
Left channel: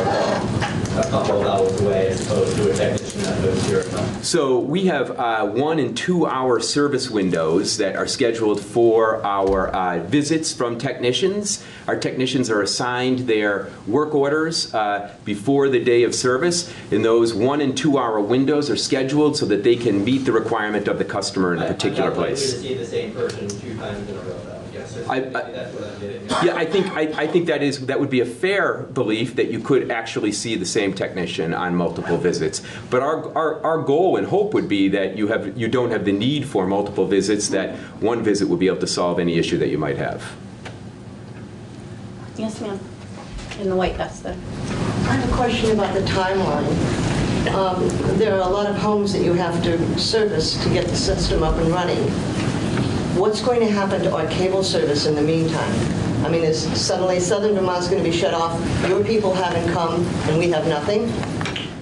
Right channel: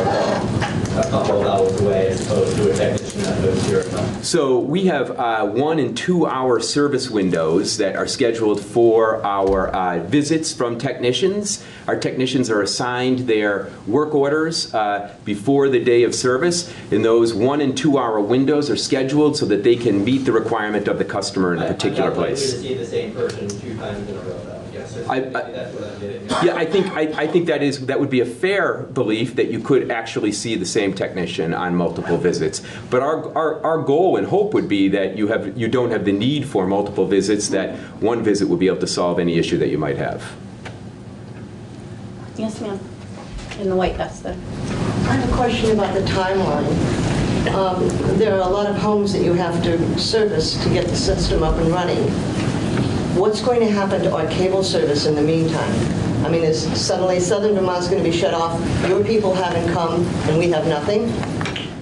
a couple of hours away as opposed to a technician that lives here. So we have 1 and 2 hour service windows that are scheduled for our visits from technicians. Our technicians are assigned their work orders before the day of service, and those 1 and 2 hour windows are scheduled so that they can meet the requirement of the customer in a particular place. I'm not likely to see the same person 2 times in a row, though. Yes, that's what I'm getting at. Yeah, I think that would be a fair belief that you could actually see the same technician on multiple visits. But our goal and hope would be that you don't have the need for multiple visits, that one visit would be able to solve any issue that you might have. Yes, ma'am. In the white vest there. I have a question about the timeline. There are a lot of homes that you have to service to get the system up and running. What's going to happen to our cable service in the meantime? I mean, is suddenly Southern Vermont's going to be shut off, your people haven't come, and we have nothing?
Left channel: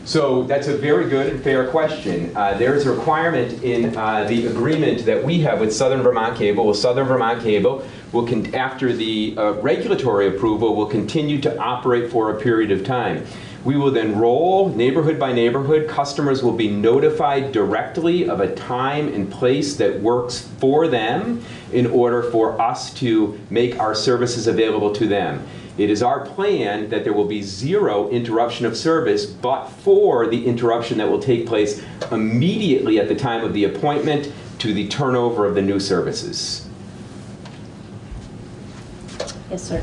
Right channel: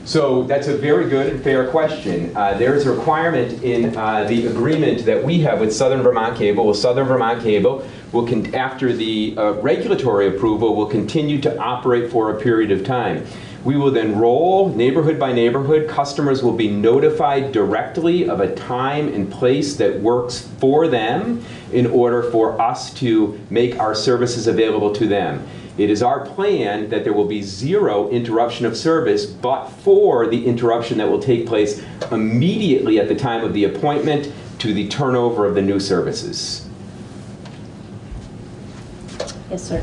So that's a very good and fair question. There is a requirement in the agreement that we have with Southern Vermont Cable. Well, Southern Vermont Cable will, after the regulatory approval, will continue to operate for a period of time. We will then roll neighborhood by neighborhood. Customers will be notified directly of a time and place that works for them in order for us to make our services available to them. It is our plan that there will be 0 interruption of service, but for the interruption that will take place immediately at the time of the appointment to the turnover of the new services. Yes, sir.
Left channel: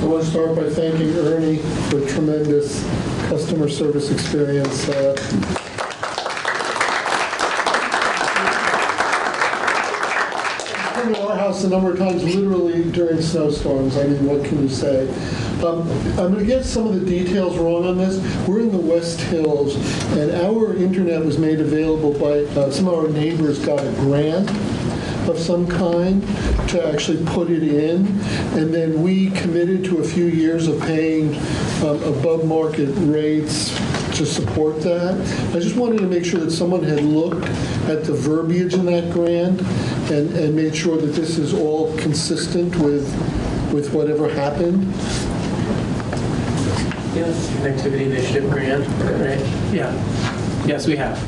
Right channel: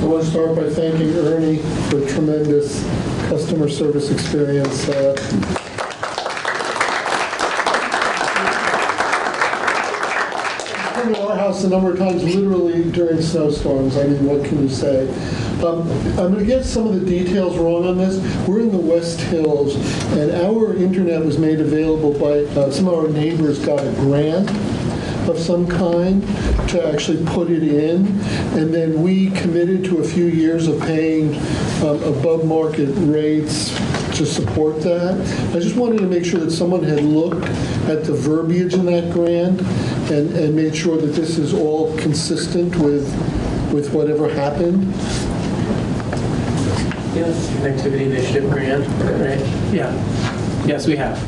I want to start by thanking Ernie for tremendous customer service experience. I've been to our house a number of times, literally during snowstorms. I mean, what can you say? I'm going to get some of the details wrong on this. We're in the West Hills, and our internet was made available by some of our neighbors got a grant of some kind to actually put it in, and then we committed to a few years of paying above market rates to support that. I just wanted to make sure that someone had looked at the verbiage in that grant and made sure that this is all consistent with whatever happened. Yes, Connectivity Initiative Grant, right? Yeah. Yes, we have.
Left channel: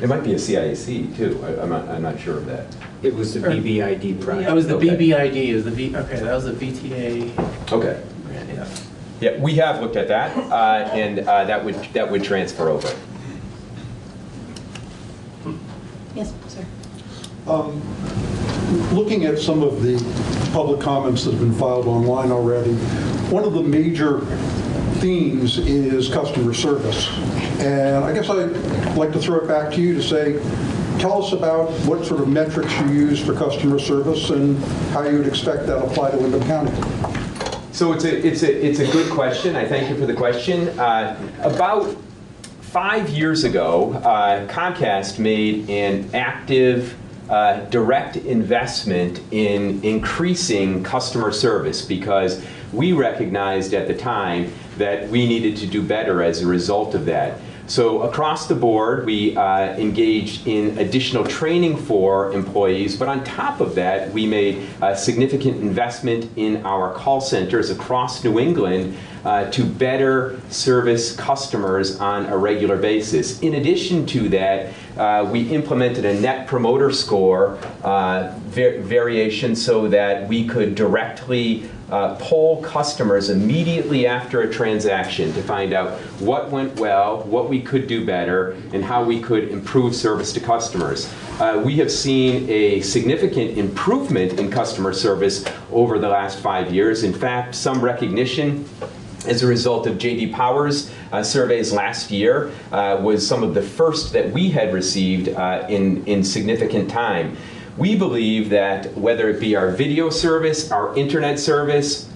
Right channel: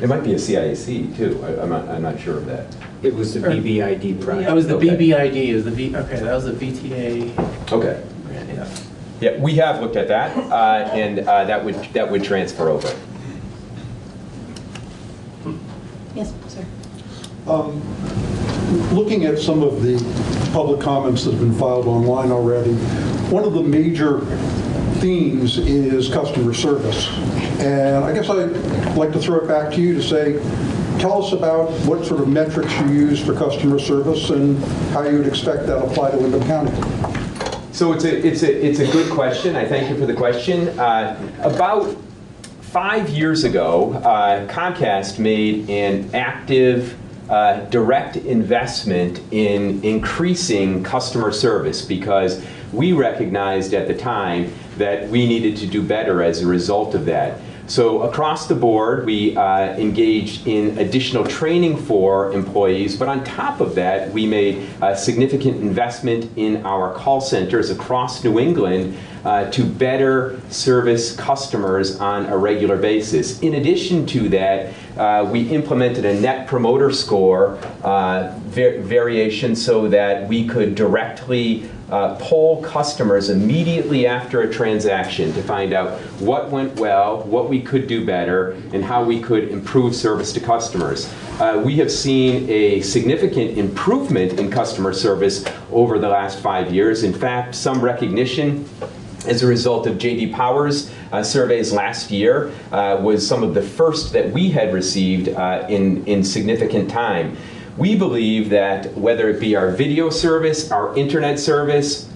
It might be a CIAC too. I'm not sure of that. It was the BBID project. That was the BBID. It was the okay, that was the VTA. Okay. Grant, yeah. Yeah, we have looked at that, and that would transfer over. Yes, sir. Looking at some of the public comments that have been filed online already, one of the major themes is customer service. And I guess I'd like to throw it back to you to say, tell us about what sort of metrics you use for customer service and how you would expect that to apply to Windham County. So it's a good question. I thank you for the question. About 5 years ago, Comcast made an active direct investment in increasing customer service because we recognized at the time that we needed to do better as a result of that. So across the board, we engaged in additional training for employees, but on top of that, we made a significant investment in our call centers across New England to better service customers on a regular basis. In addition to that, we implemented a Net Promoter Score variation so that we could directly poll customers immediately after a transaction to find out what went well, what we could do better, and how we could improve service to customers. We have seen a significant improvement in customer service over the last 5 years. In fact, some recognition as a result of J.D. Power's surveys last year, was some of the first that we had received in significant time. We believe that whether it be our video service, our internet service,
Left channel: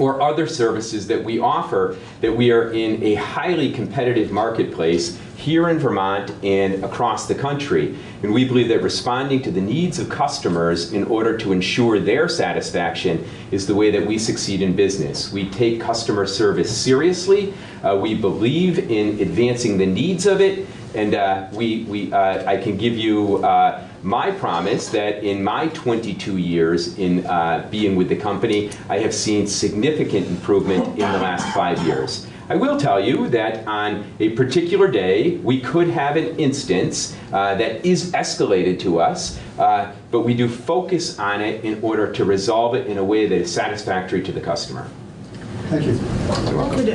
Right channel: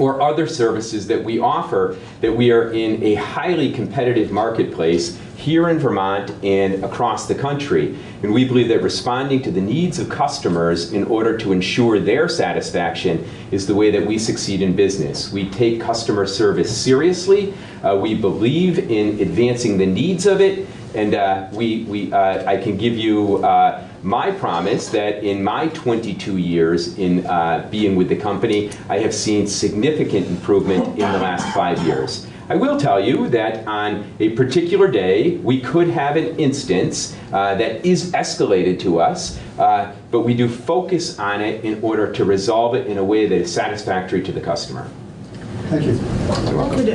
or other services that we offer, that we are in a highly competitive marketplace here in Vermont and across the country. And we believe that responding to the needs of customers in order to ensure their satisfaction is the way that we succeed in business. We take customer service seriously. We believe in advancing the needs of it. And I can give you my promise that in my 22 years in being with the company, I have seen significant improvement in the last 5 years. I will tell you that on a particular day, we could have an instance that is escalated to us, but we do focus on it in order to resolve it in a way that is satisfactory to the customer. Thank you. I could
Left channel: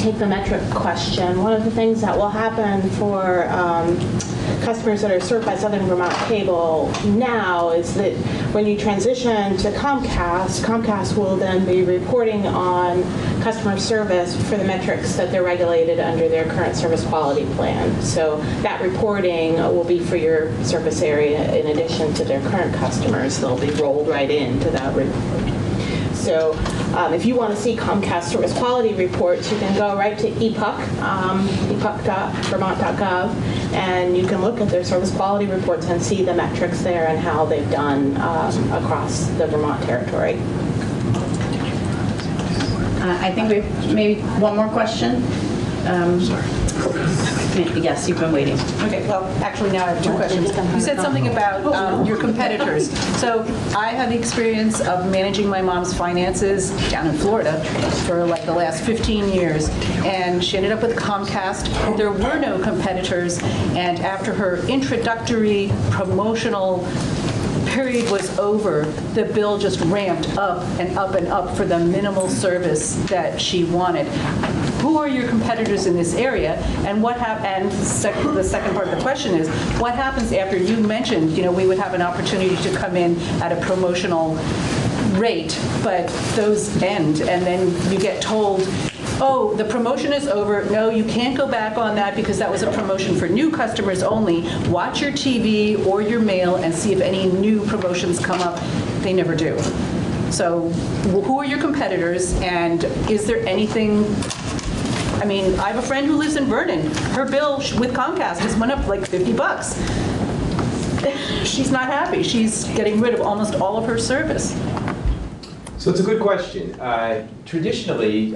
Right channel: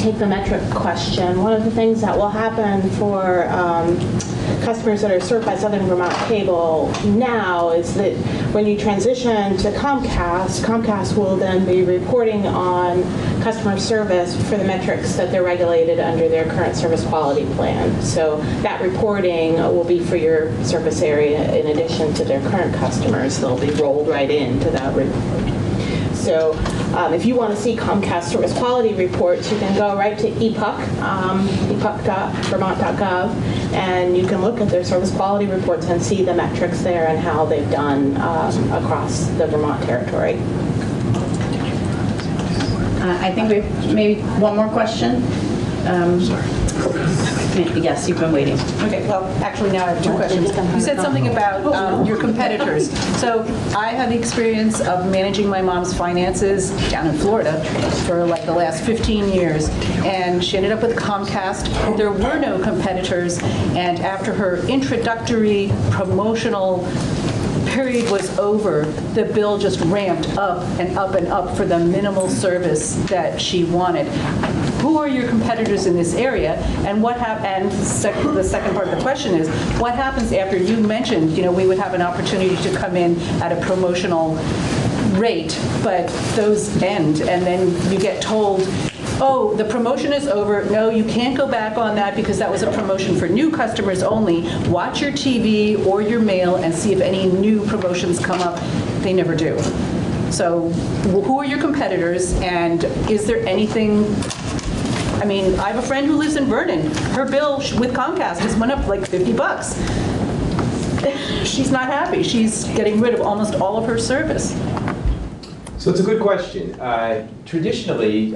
take the metric question. One of the things that will happen for customers that are served by Southern Vermont Cable now is that when you transition to Comcast, Comcast will then be reporting on customer service for the metrics that they're regulated under their current service quality plan. So that reporting will be for your service area in addition to their current customers. They'll be rolled right into that report. So if you want to see Comcast service quality reports, you can go right to ePUC, epuc.vermont.gov, and you can look at their service quality reports and see the metrics there and how they've done across the Vermont territory. I think we've maybe one more question. Yes, you've been waiting. Okay, well, actually now I have two questions. You said something about your competitors. So I have the experience of managing my mom's finances down in Florida for like the last 15 years, and she ended up with Comcast. There were no competitors, and after her introductory promotional period was over, the bill just ramped up and up and up for the minimal service that she wanted. Who are your competitors in this area, and what the second part of the question is, what happens after you mentioned, we would have an opportunity to come in at a promotional rate, but those end, and then you get told, oh, the promotion is over. No, you can't go back on that because that was a promotion for new customers only. Watch your TV or your mail and see if any new promotions come up. They never do. So who are your competitors, and is there anything? I mean, I have a friend who lives in Vernon. Her bill with Comcast has went up like $50. She's not happy. She's getting rid of almost all of her service. So it's a good question. Traditionally,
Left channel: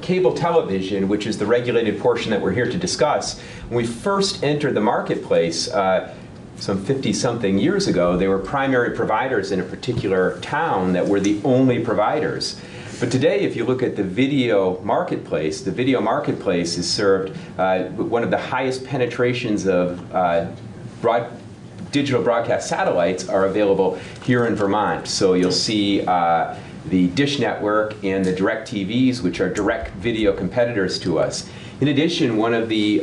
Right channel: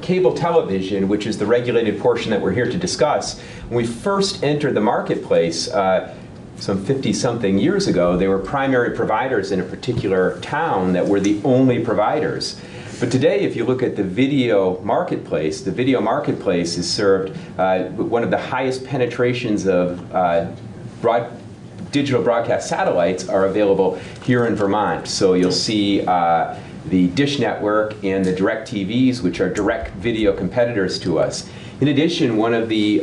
cable television, which is the regulated portion that we're here to discuss, when we first entered the marketplace some 50-something years ago, they were primary providers in a particular town that were the only providers. But today, if you look at the video marketplace is served, one of the highest penetrations of digital broadcast satellites are available here in Vermont. So you'll see the Dish Network and the DirecTVs, which are direct video competitors to us. In addition, one of the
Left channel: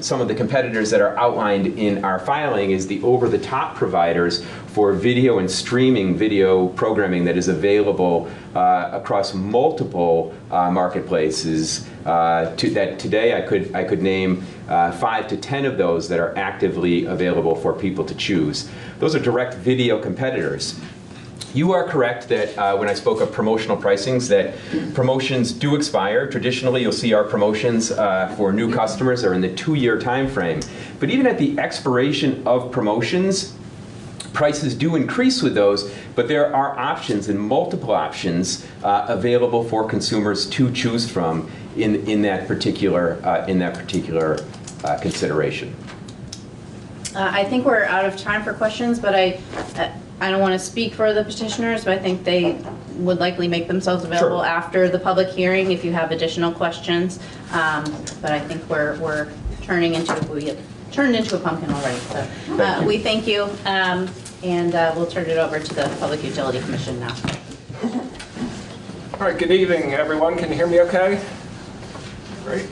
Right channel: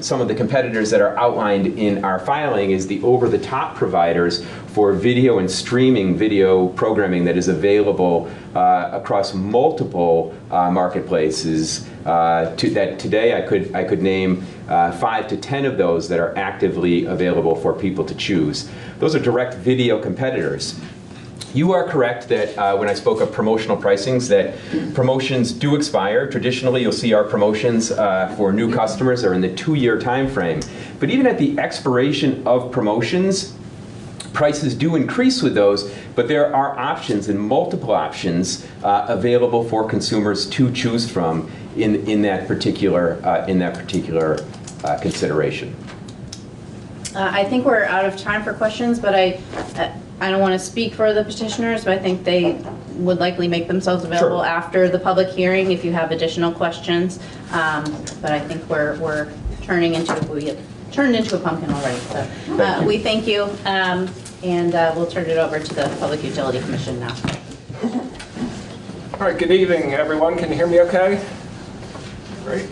some of the competitors that are outlined in our filing is the over-the-top providers for video and streaming video programming that is available across multiple marketplaces. Today, I could name 5 to 10 of those that are actively available for people to choose. Those are direct video competitors. You are correct that when I spoke of promotional pricings, that promotions do expire. Traditionally, you'll see our promotions for new customers are in the 2-year time frame. But even at the expiration of promotions, prices do increase with those, but there are options and multiple options available for consumers to choose from in that particular consideration. I think we're out of time for questions, but I don't want to speak for the petitioners, but I think they would likely make themselves available after the public hearing if you have additional questions. But I think we're turning into a pumpkin already. So we thank you, and we'll turn it over to the Public Utility Commission now. All right, good evening, everyone. Can you hear me okay? Great.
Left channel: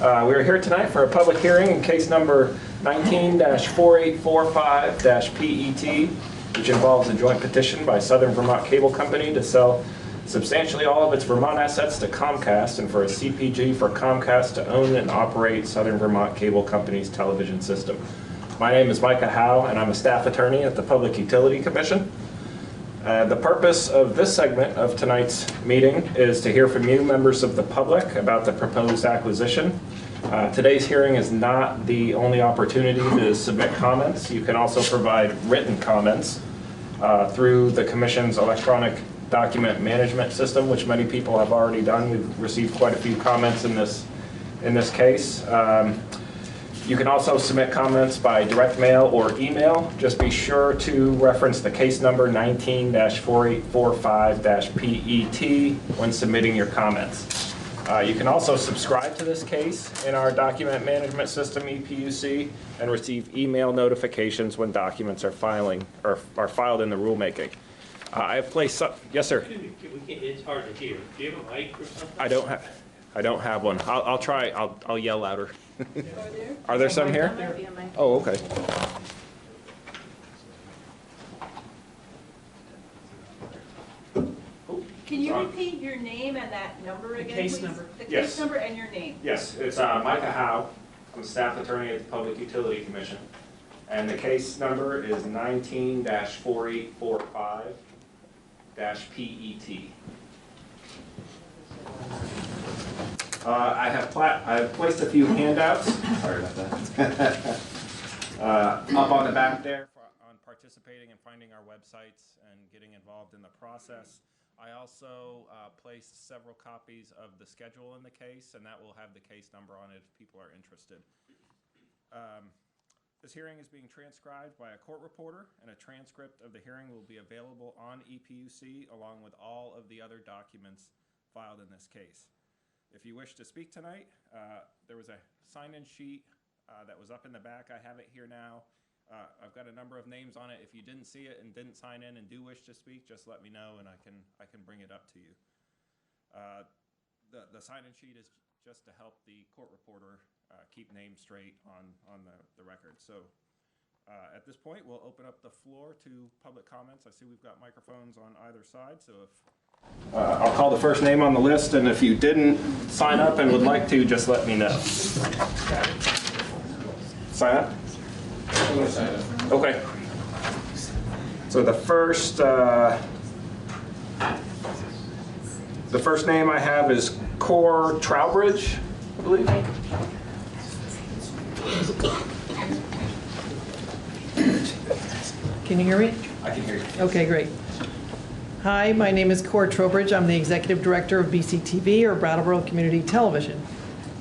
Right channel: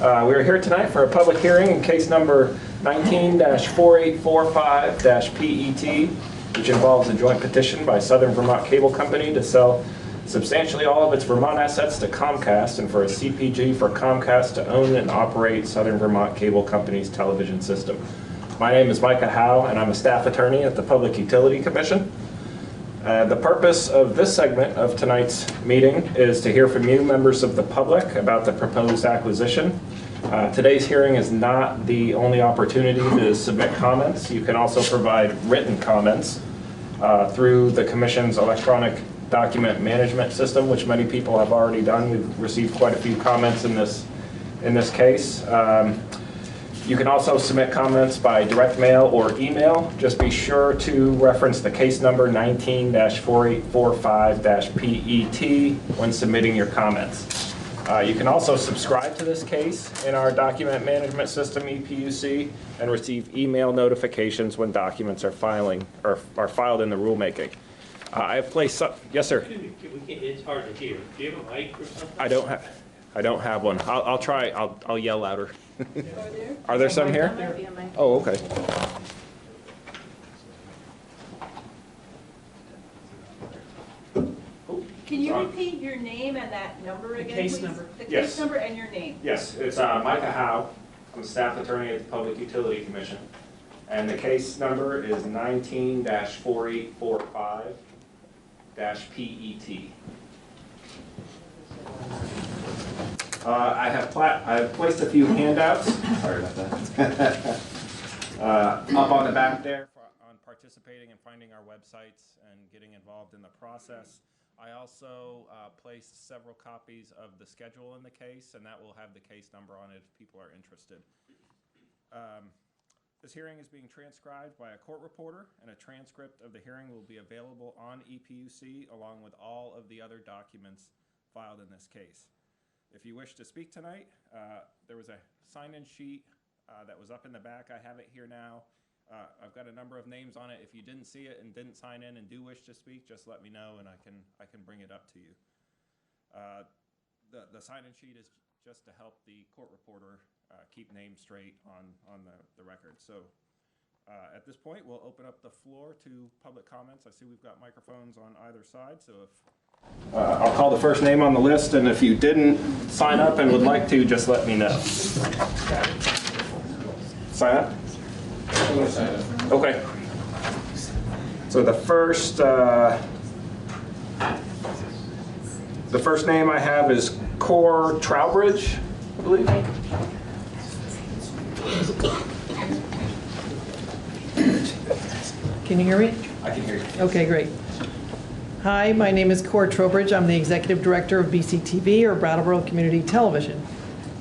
We are here tonight for a public hearing in case number 19-4845-PET, which involves a joint petition by Southern Vermont Cable Company to sell substantially all of its Vermont assets to Comcast and for a CPG for Comcast to own and operate Southern Vermont Cable Company's television system. My name is Micah Howe, and I'm a staff attorney at the Public Utility Commission. The purpose of this segment of tonight's meeting is to hear from you, members of the public, about the proposed acquisition. Today's hearing is not the only opportunity to submit comments. You can also provide written comments through the Commission's electronic document management system, which many people have already done. We've received quite a few comments in this case. You can also submit comments by direct mail or email. Just be sure to reference the case number 19-4845-PET when submitting your comments. You can also subscribe to this case in our document management system, EPUC, and receive email notifications when documents are filed in the rulemaking. I have placed some, yes, sir. It's hard to hear. Do you have a mic or something? I don't have one. I'll try. I'll yell louder. Are there some here? Oh, okay. Can you repeat your name and that number again, please? The Yes. case number and your name. Yes, it's Micah Howe. I'm a staff attorney at the Public Utility Commission. And the case number is 19-4845-PET. I have placed a few handouts. Sorry about that. Up on the back there on participating and finding our websites and getting involved in the process. I also placed several copies of the schedule in the case, and that will have the case number on it if people are interested. This hearing is being transcribed by a court reporter, and a transcript of the hearing will be available on EPUC along with all of the other documents filed in this case. If you wish to speak tonight, there was a sign-in sheet that was up in the back. I have it here now. I've got a number of names on it. If you didn't see it and didn't sign in and do wish to speak, just let me know and I can bring it up to you. The sign-in sheet is just to help the court reporter keep names straight on the record. So at this point, we'll open up the floor to public comments. I see we've got microphones on either side, so if I'll call the first name on the list, and if you didn't sign up and would like to, just let me know. Sign up? Okay. So the first name I have is Core Trowbridge, I believe. Can you hear me? I can hear you. Okay, great. Hi, my name is Cora Trowbridge. I'm the Executive Director of BCTV, or Brattleboro Community Television.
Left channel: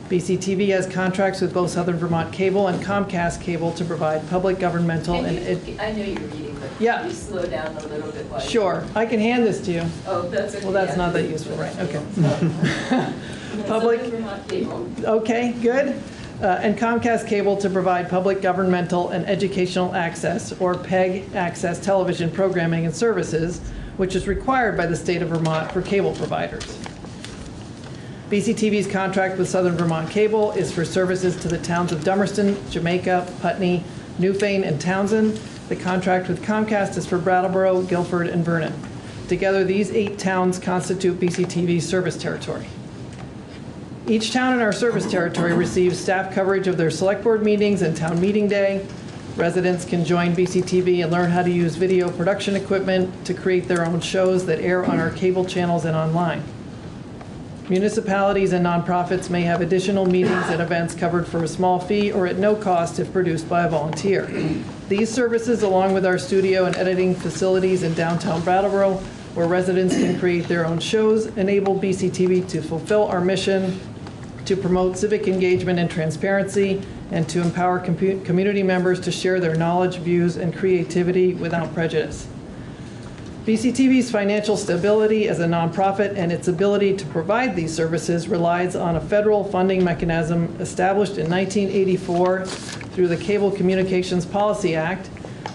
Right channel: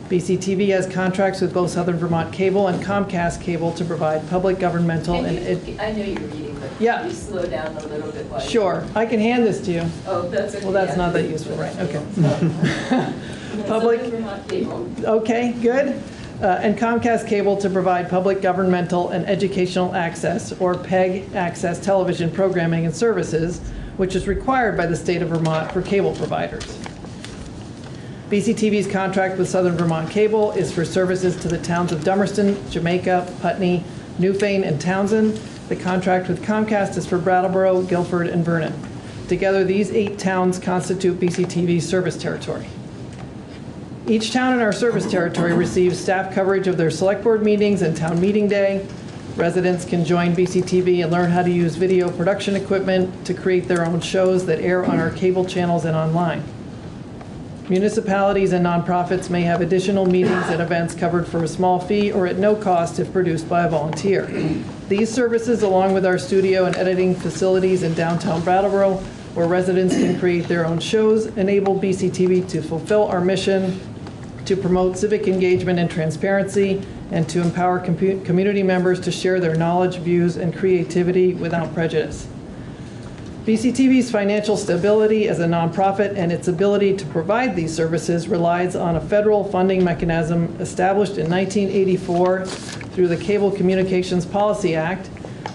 BCTV has contracts with both Southern Vermont Cable and Comcast Cable to provide public, governmental, I know you're reading, but yeah. Can you slow down a little bit? Sure, I can hand this to you. Oh, that's okay. Well, that's not that useful, right? Okay. Public. Southern Vermont Cable. Okay, good. And Comcast Cable to provide public, governmental, and educational access, or PEG access television programming and services, which is required by the state of Vermont for cable providers. BCTV's contract with Southern Vermont Cable is for services to the towns of Dummerston, Jamaica, Putney, Newfane, and Townsend. The contract with Comcast is for Brattleboro, Guilford, and Vernon. Together, these 8 towns constitute BCTV's service territory. Each town in our service territory receives staff coverage of their select board meetings and town meeting day. Residents can join BCTV and learn how to use video production equipment to create their own shows that air on our cable channels and online. Municipalities and nonprofits may have additional meetings and events covered for a small fee or at no cost if produced by a volunteer. These services, along with our studio and editing facilities in downtown Brattleboro, where residents can create their own shows, enable BCTV to fulfill our mission to promote civic engagement and transparency, and to empower community members to share their knowledge, views, and creativity without prejudice. BCTV's financial stability as a nonprofit and its ability to provide these services relies on a federal funding mechanism established in 1984 through the Cable Communications Policy Act,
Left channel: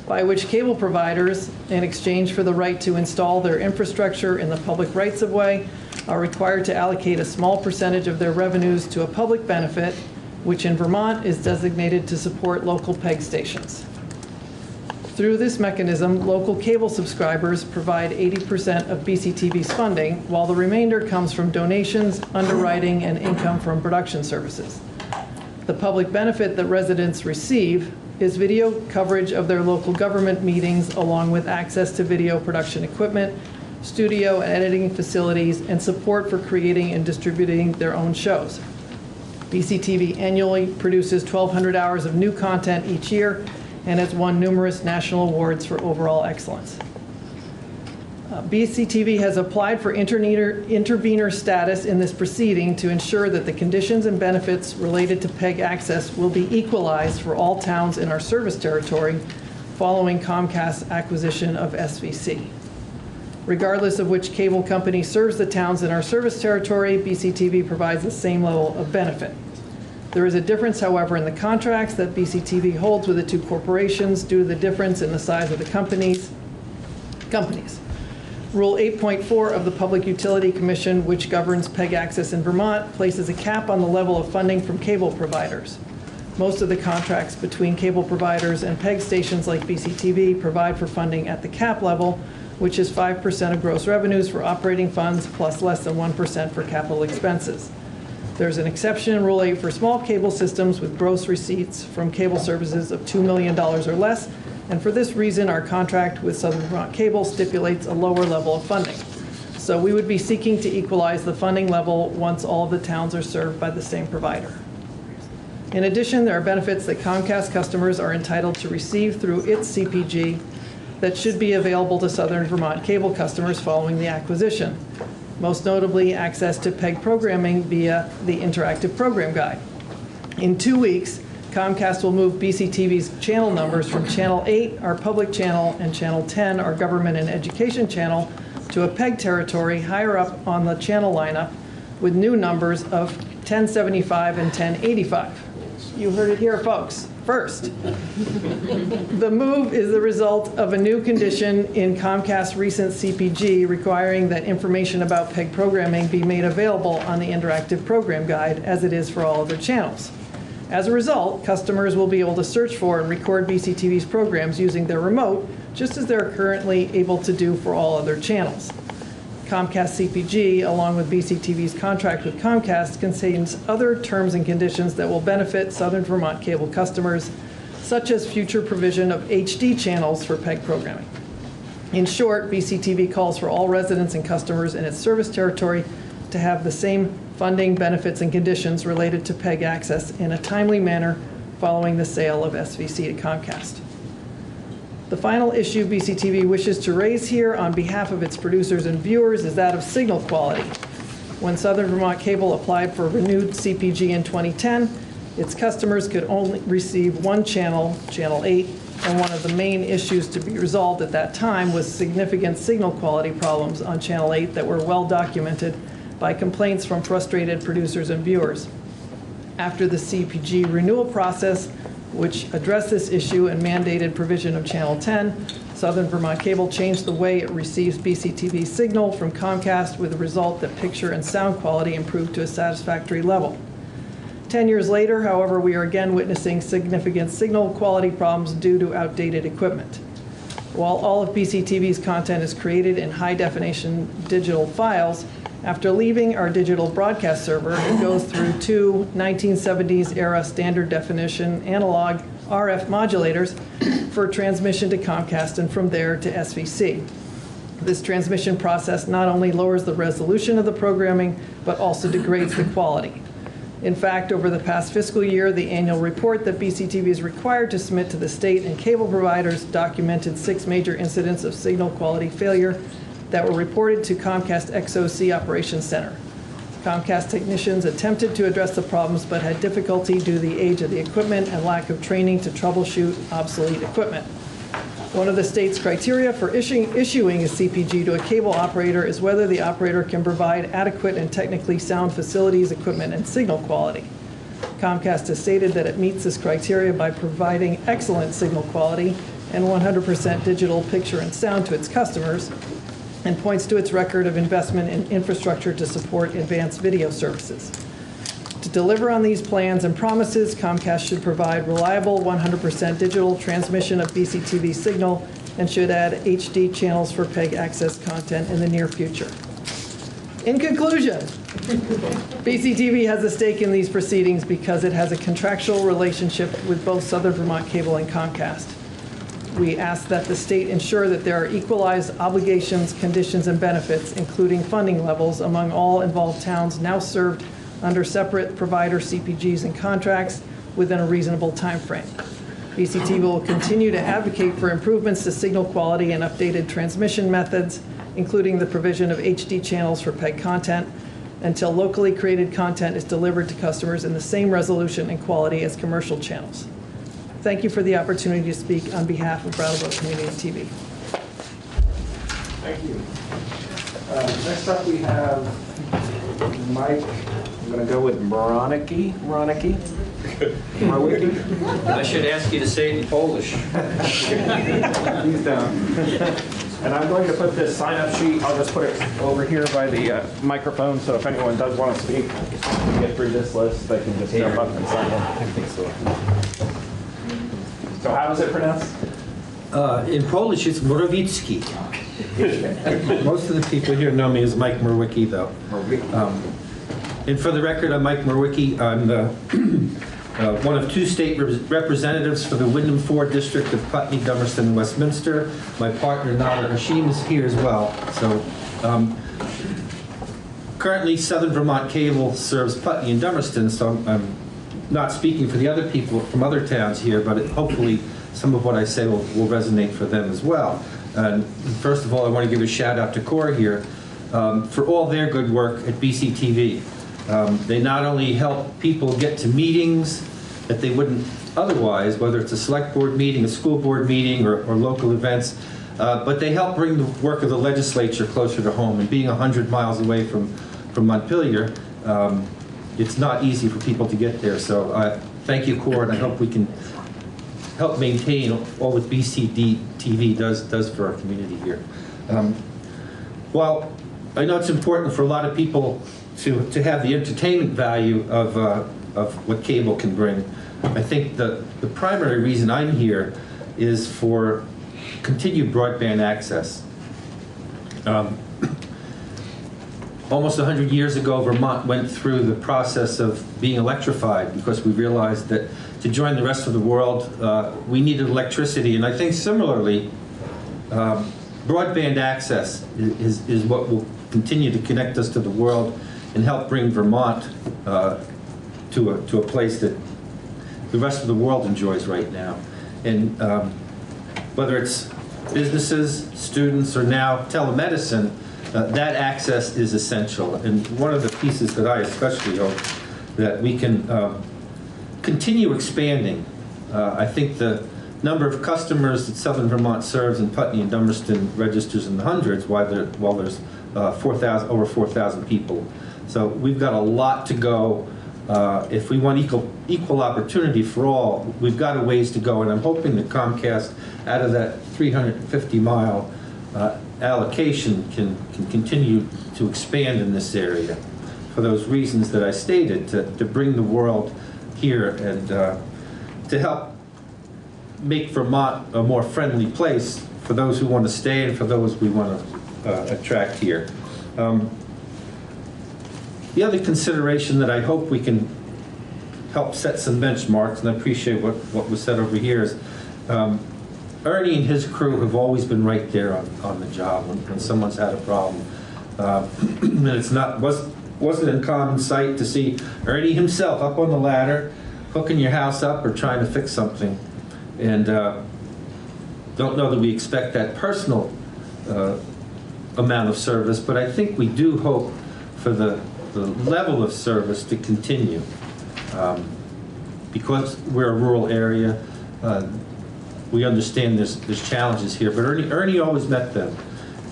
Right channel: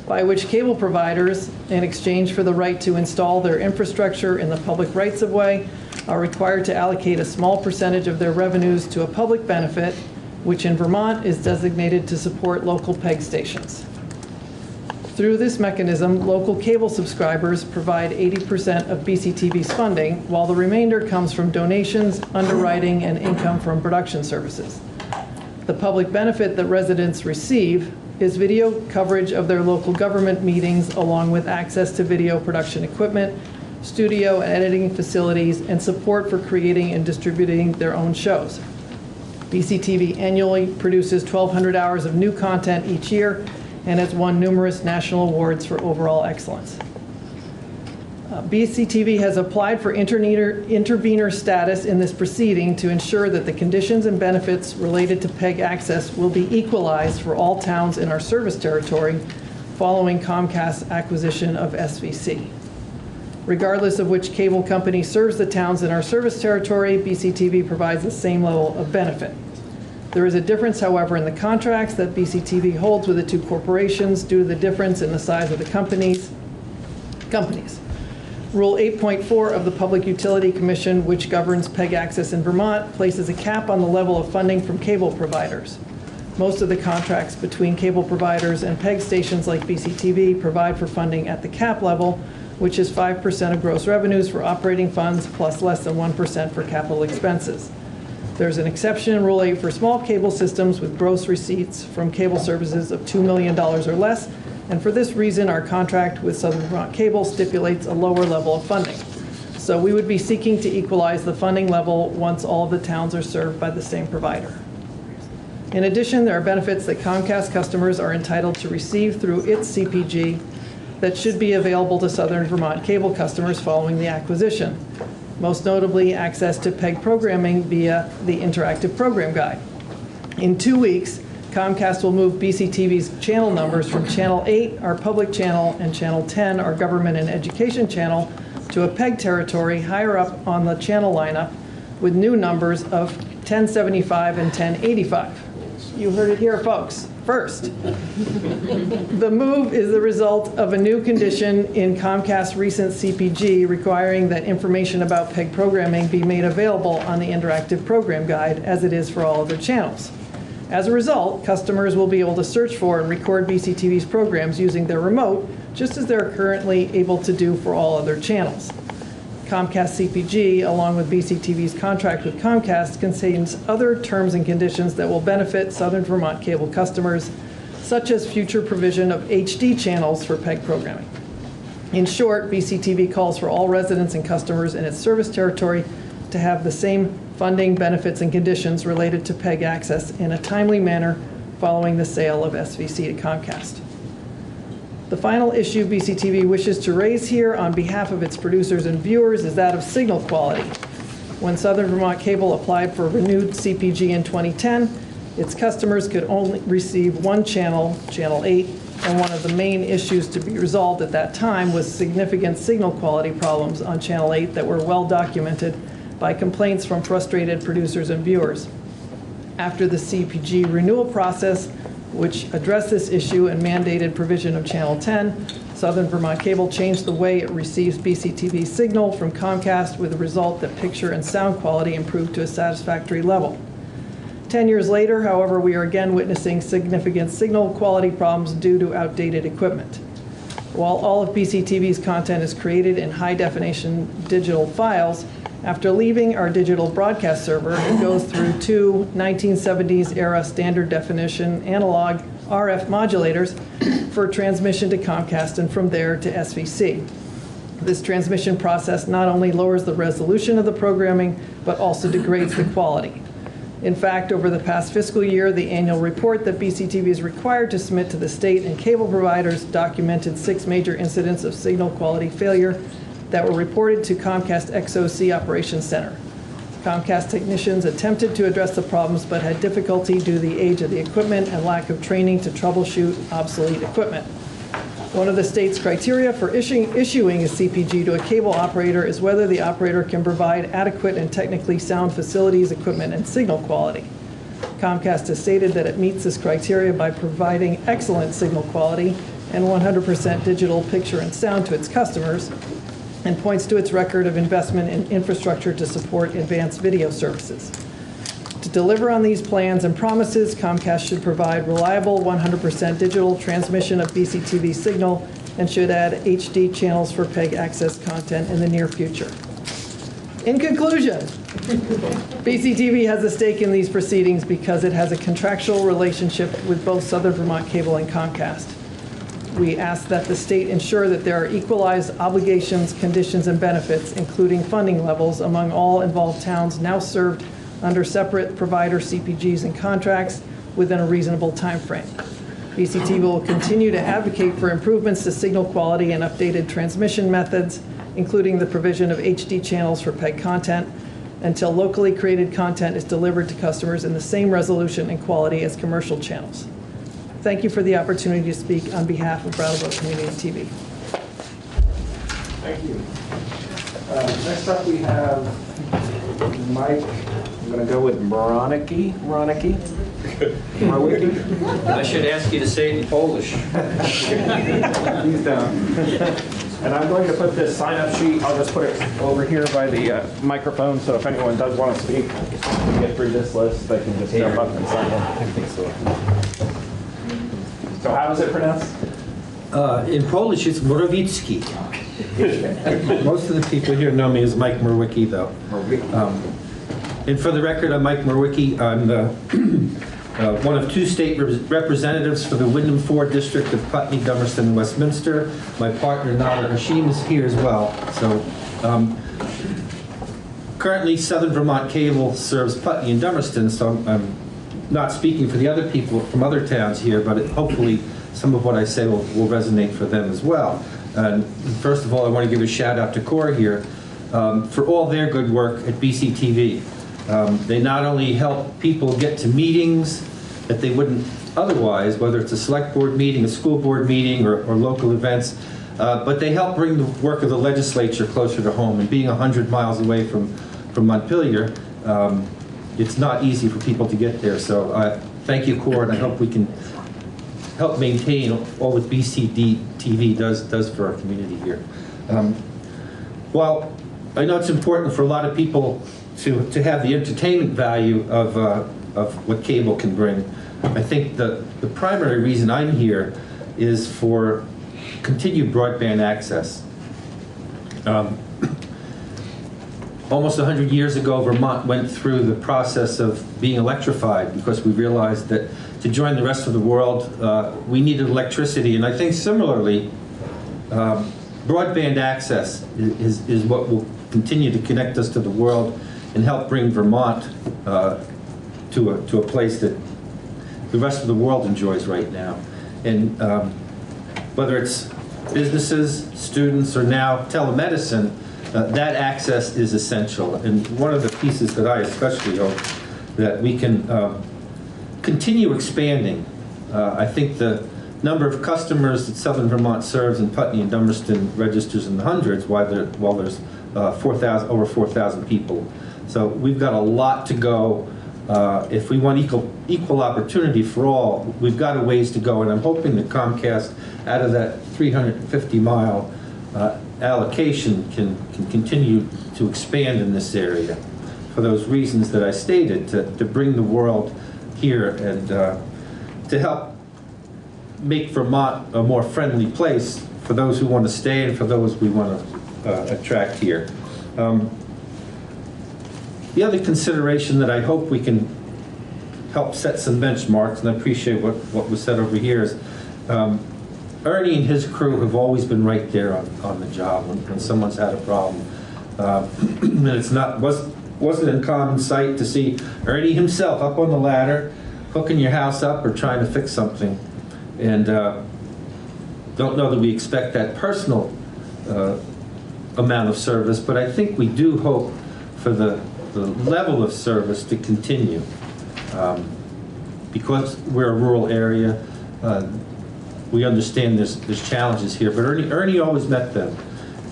by which cable providers, in exchange for the right to install their infrastructure in the public rights-of-way, are required to allocate a small percentage of their revenues to a public benefit, which in Vermont is designated to support local PEG stations. Through this mechanism, local cable subscribers provide 80% of BCTV's funding, while the remainder comes from donations, underwriting, and income from production services. The public benefit that residents receive is video coverage of their local government meetings, along with access to video production equipment, studio and editing facilities, and support for creating and distributing their own shows. BCTV annually produces 1,200 hours of new content each year and has won numerous national awards for overall excellence. BCTV has applied for intervenor status in this proceeding to ensure that the conditions and benefits related to PEG access will be equalized for all towns in our service territory following Comcast's acquisition of SVC. Regardless of which cable company serves the towns in our service territory, BCTV provides the same level of benefit. There is a difference, however, in the contracts that BCTV holds with the two corporations due to the difference in the size of the companies. Rule 8.4 of the Public Utility Commission, which governs PEG access in Vermont, places a cap on the level of funding from cable providers. Most of the contracts between cable providers and PEG stations like BCTV provide for funding at the cap level, which is 5% of gross revenues for operating funds plus less than 1% for capital expenses. There's an exception in Rule 8 for small cable systems with gross receipts from cable services of $2 million or less, and for this reason, our contract with Southern Vermont Cable stipulates a lower level of funding. So we would be seeking to equalize the funding level once all of the towns are served by the same provider. In addition, there are benefits that Comcast customers are entitled to receive through its CPG that should be available to Southern Vermont Cable customers following the acquisition. Most notably, access to PEG programming via the Interactive Program Guide. In 2 weeks, Comcast will move BCTV's channel numbers from Channel 8, our public channel, and Channel 10, our government and education channel, to a PEG territory higher up on the channel lineup with new numbers of 1075 and 1085. You heard it here, folks. First, the move is the result of a new condition in Comcast's recent CPG requiring that information about PEG programming be made available on the Interactive Program Guide, as it is for all other channels. As a result, customers will be able to search for and record BCTV's programs using their remote, just as they're currently able to do for all other channels. Comcast CPG, along with BCTV's contract with Comcast, contains other terms and conditions that will benefit Southern Vermont Cable customers, such as future provision of HD channels for PEG programming. In short, BCTV calls for all residents and customers in its service territory to have the same funding, benefits, and conditions related to PEG access in a timely manner following the sale of SVC to Comcast. The final issue BCTV wishes to raise here on behalf of its producers and viewers is that of signal quality. When Southern Vermont Cable applied for renewed CPG in 2010, its customers could only receive one channel, Channel 8, and one of the main issues to be resolved at that time was significant signal quality problems on Channel 8 that were well documented by complaints from frustrated producers and viewers. After the CPG renewal process, which addressed this issue and mandated provision of Channel 10, Southern Vermont Cable changed the way it receives BCTV signal from Comcast, with the result that picture and sound quality improved to a satisfactory level. 10 years later, however, we are again witnessing significant signal quality problems due to outdated equipment. While all of BCTV's content is created in high-definition digital files, after leaving our digital broadcast server, it goes through two 1970s-era standard definition analog RF modulators for transmission to Comcast and from there to SVC. This transmission process not only lowers the resolution of the programming, but also degrades the quality. In fact, over the past fiscal year, the annual report that BCTV is required to submit to the state and cable providers documented 6 major incidents of signal quality failure that were reported to Comcast XOC Operations Center. Comcast technicians attempted to address the problems but had difficulty due to the age of the equipment and lack of training to troubleshoot obsolete equipment. One of the state's criteria for issuing a CPG to a cable operator is whether the operator can provide adequate and technically sound facilities, equipment, and signal quality. Comcast has stated that it meets this criteria by providing excellent signal quality and 100% digital picture and sound to its customers, and points to its record of investment in infrastructure to support advanced video services. To deliver on these plans and promises, Comcast should provide reliable 100% digital transmission of BCTV signal and should add HD channels for PEG access content in the near future. In conclusion, BCTV has a stake in these proceedings because it has a contractual relationship with both Southern Vermont Cable and Comcast. We ask that the state ensure that there are equalized obligations, conditions, and benefits, including funding levels, among all involved towns now served under separate provider CPGs and contracts within a reasonable time frame. BCTV will continue to advocate for improvements to signal quality and updated transmission methods, including the provision of HD channels for PEG content, until locally created content is delivered to customers in the same resolution and quality as commercial channels. Thank you for the opportunity to speak on behalf of Brattleboro Community TV. Thank you. Next up we have Mike. I'm going to go with Moroniki. I should ask you to say it in Polish. Please don't. And I'm going to put this sign-up sheet, I'll just put it over here by the microphone, so if anyone does want to speak, to get through this list, they can just jump up and sign in. I think so. So how is it pronounced? In Polish, it's Morawicki. Most of the people here know me as Mike Merwicki, though. And for the record, I'm Mike Merwicki. I'm one of two state representatives for the Wyndham 4 District of Putney, Dummerston, and Westminster. My partner, Nada Hashim, is here as well. So currently, Southern Vermont Cable serves Putney and Dummerston, so I'm not speaking for the other people from other towns here, but hopefully some of what I say will resonate for them as well. And first of all, I want to give a shout out to Cora here for all their good work at BCTV. They not only help people get to meetings that they wouldn't otherwise, whether it's a select board meeting, a school board meeting, or local events, but they help bring the work of the legislature closer to home. And being 100 miles away from Montpelier, it's not easy for people to get there. So thank you, Cora, and I hope we can help maintain all that BCTV does for our community here. While I know it's important for a lot of people to have the entertainment value of what cable can bring, I think the primary reason I'm here is for continued broadband access. Almost 100 years ago, Vermont went through the process of being electrified because we realized that to join the rest of the world, we needed electricity. And I think similarly, broadband access is what will continue to connect us to the world and help bring Vermont to a place that the rest of the world enjoys right now. And whether it's businesses, students, or now telemedicine, that access is essential. And one of the pieces that I especially hope that we can continue expanding. I think the number of customers that Southern Vermont serves in Putney and Dummerston registers in the hundreds, while there's over 4,000 people. So we've got a lot to go. If we want equal opportunity for all, we've got a ways to go. And I'm hoping that Comcast, out of that 350-mile allocation, can continue to expand in this area for those reasons that I stated, to bring the world here and to help make Vermont a more friendly place for those who want to stay and for those we want to attract here. The other consideration that I hope we can help set some benchmarks, and I appreciate what was said over here, is Ernie and his crew have always been right there on the job when someone's had a problem. And wasn't in common sight to see Ernie himself up on the ladder, hooking your house up or trying to fix something. And don't know that we expect that personal amount of service, but I think we do hope for the level of service to continue. Because we're a rural area, we understand there's challenges here, but Ernie always met them.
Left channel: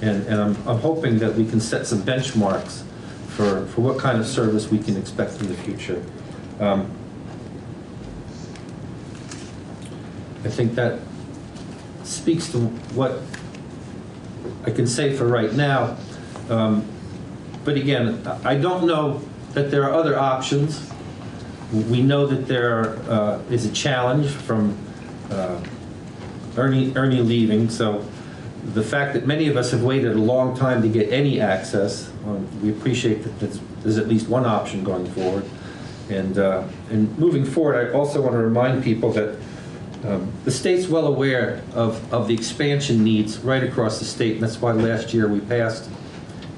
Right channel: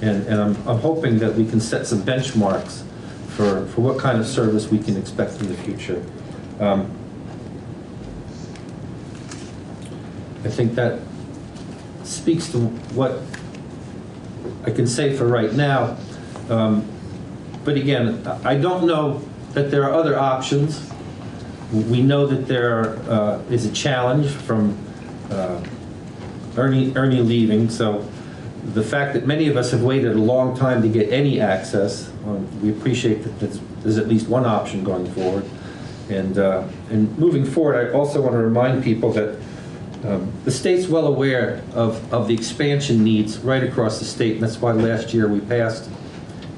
And I'm hoping that we can set some benchmarks for what kind of service we can expect in the future. I think that speaks to what I can say for right now. But again, I don't know that there are other options. We know that there is a challenge from Ernie leaving, so the fact that many of us have waited a long time to get any access, we appreciate that there's at least one option going forward. And moving forward, I also want to remind people that the state's well aware of the expansion needs right across the state, and that's why last year we passed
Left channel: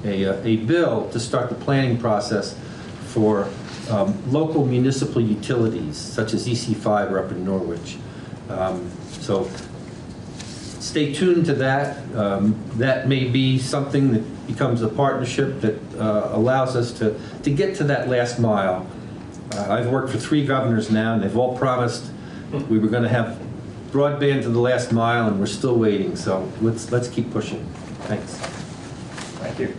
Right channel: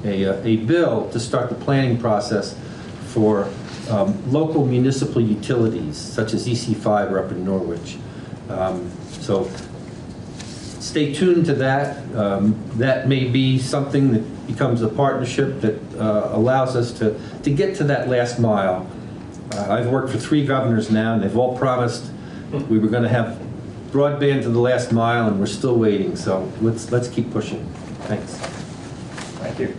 a bill to start the planning process for local municipal utilities, such as EC5 up in Norwich. So stay tuned to that. That may be something that becomes a partnership that allows us to get to that last mile. I've worked for 3 governors now, and they've all promised we were going to have broadband to the last mile, and we're still waiting. So let's keep pushing. Thanks. Thank you.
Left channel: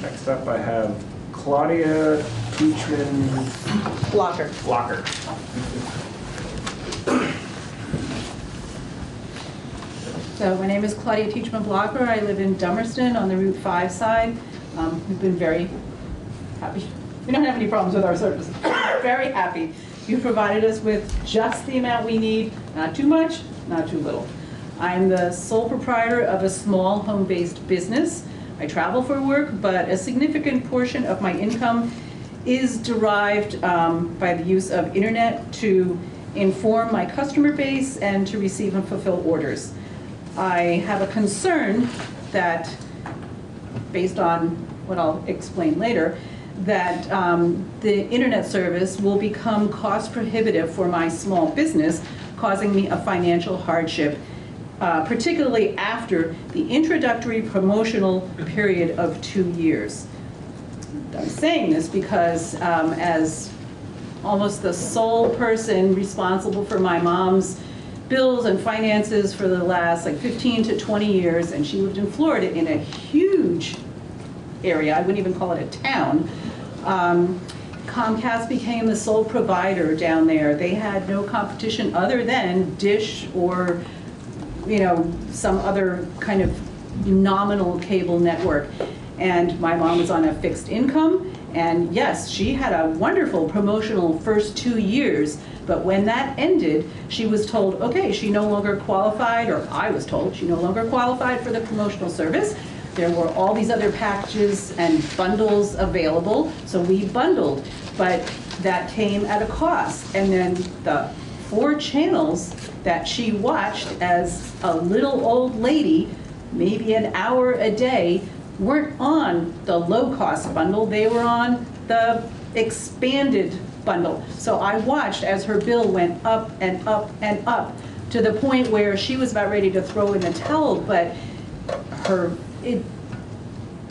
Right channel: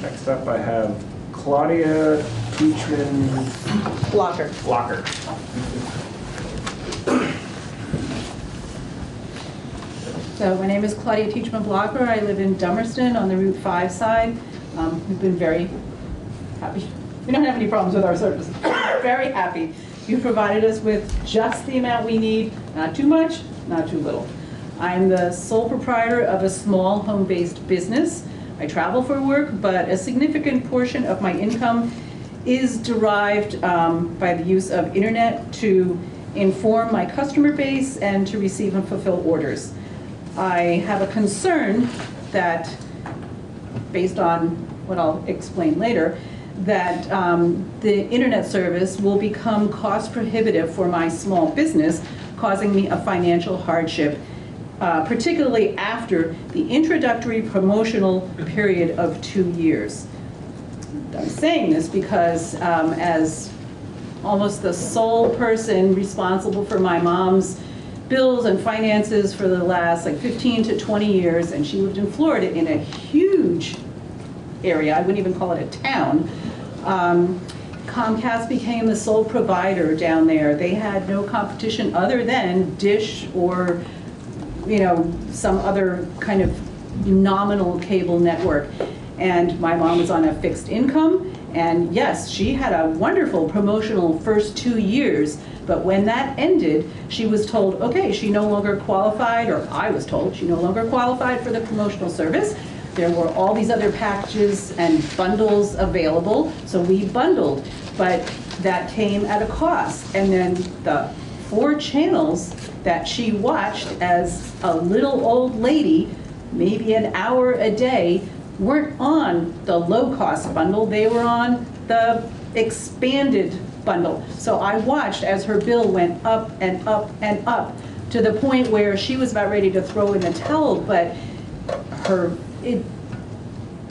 Next up, I have Claudia Teachman Blocker. So my name is Claudia Teachman Blocker. I live in Dummerston on the Route 5 side. We've been very happy. We don't have any problems with our service. Very happy. You've provided us with just the amount we need, not too much, not too little. I'm the sole proprietor of a small home-based business. I travel for work, but a significant portion of my income is derived by the use of internet to inform my customer base and to receive and fulfill orders. I have a concern that, based on what I'll explain later, that the internet service will become cost prohibitive for my small business, causing me a financial hardship, particularly after the introductory promotional period of 2 years. I'm saying this because as almost the sole person responsible for my mom's bills and finances for the last 15 to 20 years, and she lived in Florida in a huge area, I wouldn't even call it a town. Comcast became the sole provider down there. They had no competition other than Dish or, some other kind of nominal cable network. And my mom was on a fixed income, and yes, she had a wonderful promotional first 2 years, but when that ended, she was told, okay, she no longer qualified, or I was told she no longer qualified for the promotional service. There were all these other packages and bundles available, so we bundled, but that came at a cost. And then the 4 channels that she watched as a little old lady, maybe an hour a day, weren't on the low-cost bundle, they were on the expanded bundle. So I watched as her bill went up and up and up to the point where she was about ready to throw in the towel, but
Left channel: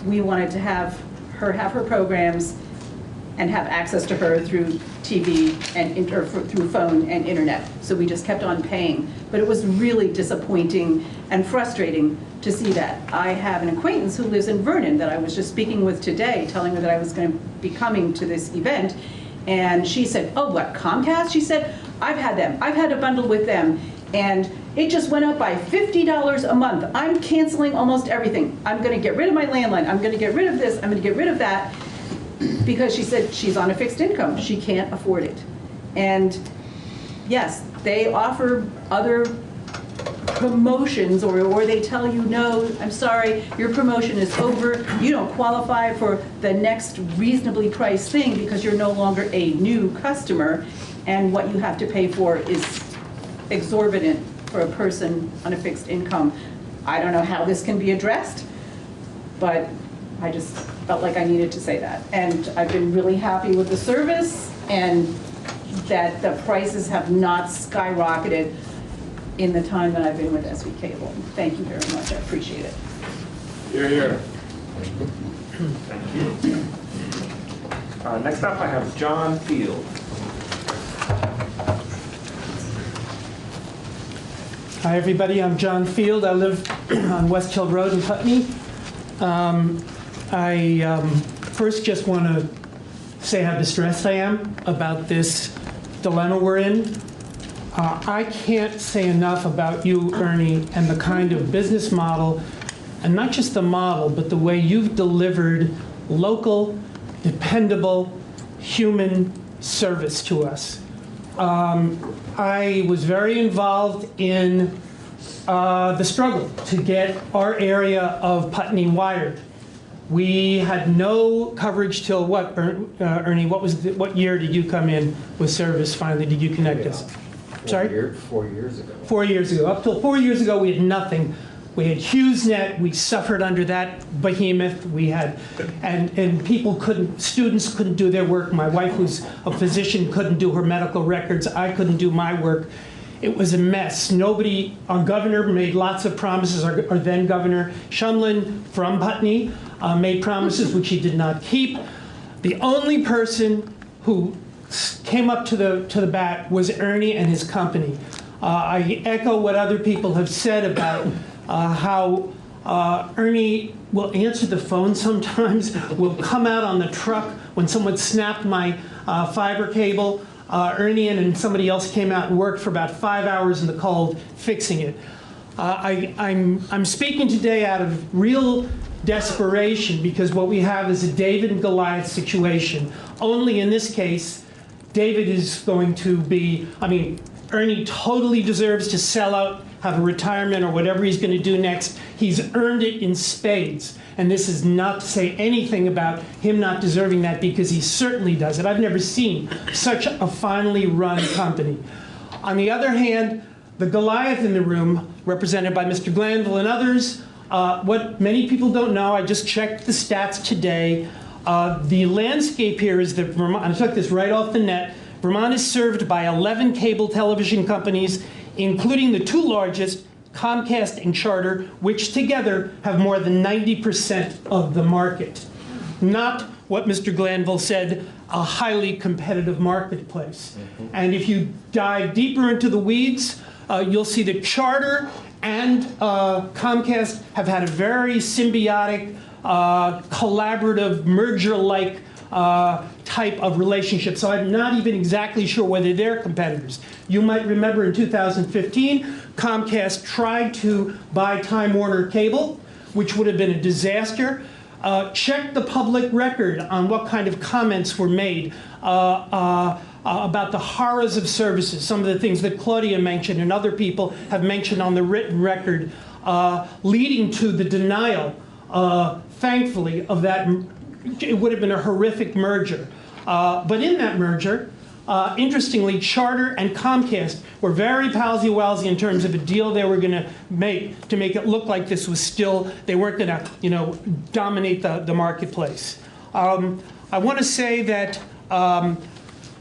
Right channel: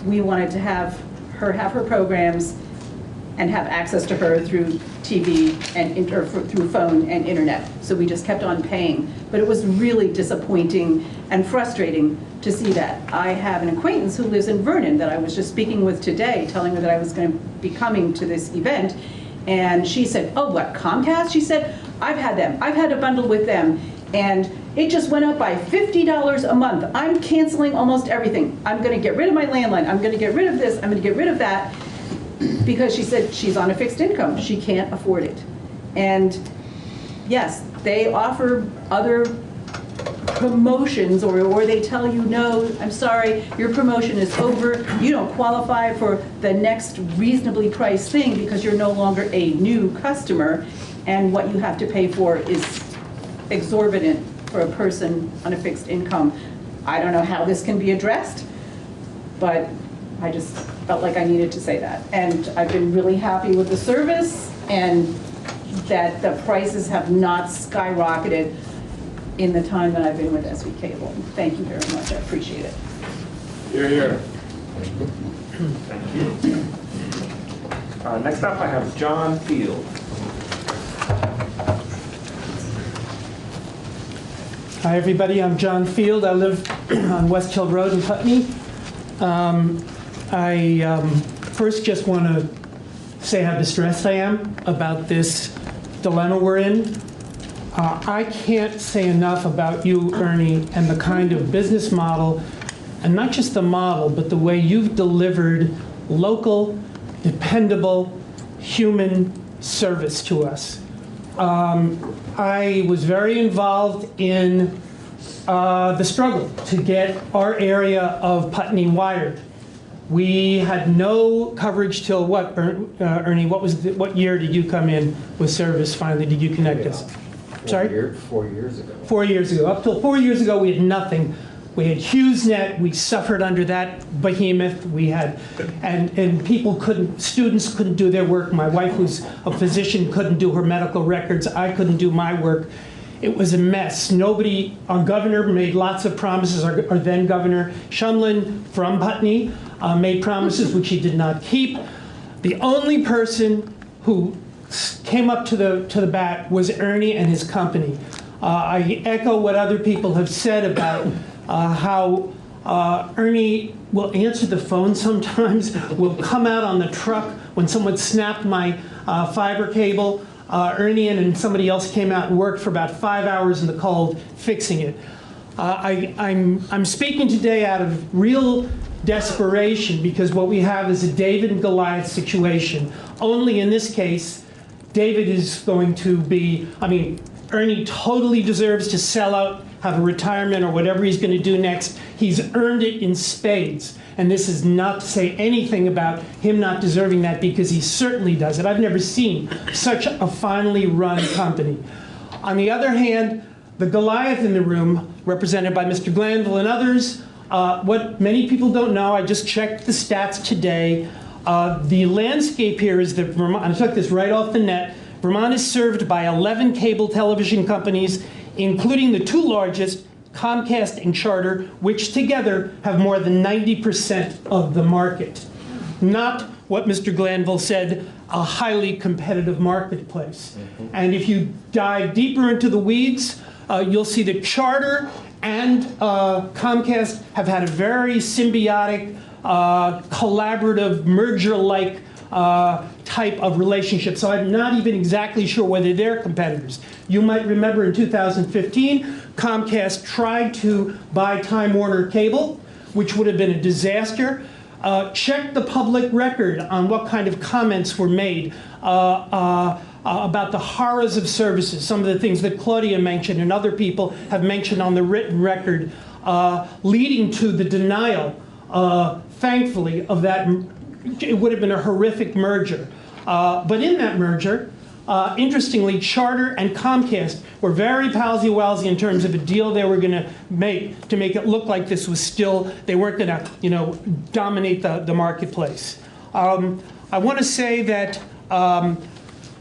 we wanted to have her programs and have access to her through TV and through phone and internet. So we just kept on paying. But it was really disappointing and frustrating to see that. I have an acquaintance who lives in Vernon that I was just speaking with today, telling her that I was going to be coming to this event. And she said, oh, what, Comcast? She said, I've had them. I've had a bundle with them. And it just went up by $50 a month. I'm canceling almost everything. I'm going to get rid of my landline. I'm going to get rid of this. I'm going to get rid of that. Because she said she's on a fixed income. She can't afford it. And yes, they offer other promotions, or they tell you, no, I'm sorry, your promotion is over. You don't qualify for the next reasonably priced thing because you're no longer a new customer, and what you have to pay for is exorbitant for a person on a fixed income. I don't know how this can be addressed, but I just felt like I needed to say that. And I've been really happy with the service, and that the prices have not skyrocketed in the time that I've been with SV Cable. Thank you very much, I appreciate it. You're here. Thank you. Next up, I have John Field. Hi, everybody. I'm John Field. I live on West Hill Road in Putney. I first just want to say how distressed I am about this dilemma we're in. I can't say enough about you, Ernie, and the kind of business model, and not just the model, but the way you've delivered local dependable human service to us. I was very involved in the struggle to get our area of Putney wired. We had no coverage till what, Ernie? What year did you come in with service finally? Did you connect us? Sorry? 4 years ago. 4 years ago. Up till 4 years ago, we had nothing. We had HughesNet. We suffered under that behemoth. We had, and people couldn't, students couldn't do their work. My wife was a physician, couldn't do her medical records. I couldn't do my work. It was a mess. Nobody, our governor made lots of promises. Our then governor, Shumlin from Putney, made promises which he did not keep. The only person who came up to the bat was Ernie and his company. I echo what other people have said about how Ernie will answer the phone sometimes, will come out on the truck when someone snapped my fiber cable. Ernie and somebody else came out and worked for about 5 hours in the cold fixing it. I'm speaking today out of real desperation because what we have is a David and Goliath situation. Only in this case, David is going to be, Ernie totally deserves to sell out, have a retirement or whatever he's going to do next. He's earned it in spades. And this is not to say anything about him not deserving that because he certainly does it. I've never seen such a finely run company. On the other hand, the Goliath in the room, represented by Mr. Glanville and others, what many people don't know, I just checked the stats today. The landscape here is that Vermont, I took this right off the net, Vermont is served by 11 cable television companies, including the two largest, Comcast and Charter, which together have more than 90% of the market. Not what Mr. Glanville said, a highly competitive marketplace. And if you dive deeper into the weeds, you'll see that Charter and Comcast have had a very symbiotic, collaborative, merger-like type of relationship. So I'm not even exactly sure whether they're competitors. You might remember in 2015, Comcast tried to buy Time Warner Cable, which would have been a disaster. Check the public record on what kind of comments were made about the horrors of services, some of the things that Claudia mentioned and other people have mentioned on the written record, leading to the denial, thankfully, of that. It would have been a horrific merger. But in that merger, interestingly, Charter and Comcast were very palsy-walsy in terms of a deal they were going to make it look like this was still, they weren't going to, dominate the marketplace. I want to say that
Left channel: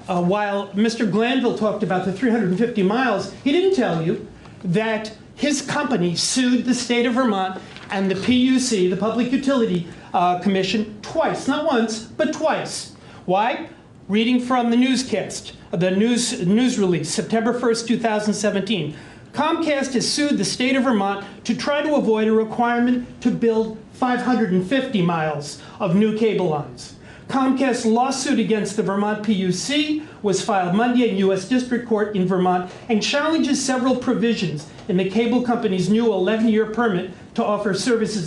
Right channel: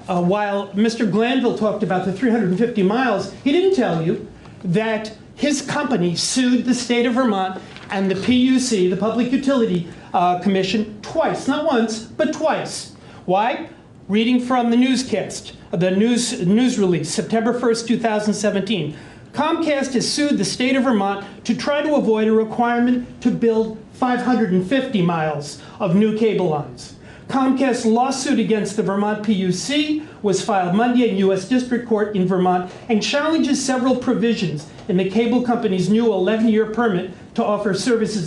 while Mr. Glanville talked about the 350 miles, he didn't tell you that his company sued the state of Vermont and the PUC, the Public Utility Commission, twice, not once, but twice. Why? Reading from the newscast, the news release, September 1st, 2017. Comcast has sued the state of Vermont to try to avoid a requirement to build 550 miles of new cable lines. Comcast's lawsuit against the Vermont PUC was filed Monday in U.S. District Court in Vermont and challenges several provisions in the cable company's new 11-year permit to offer services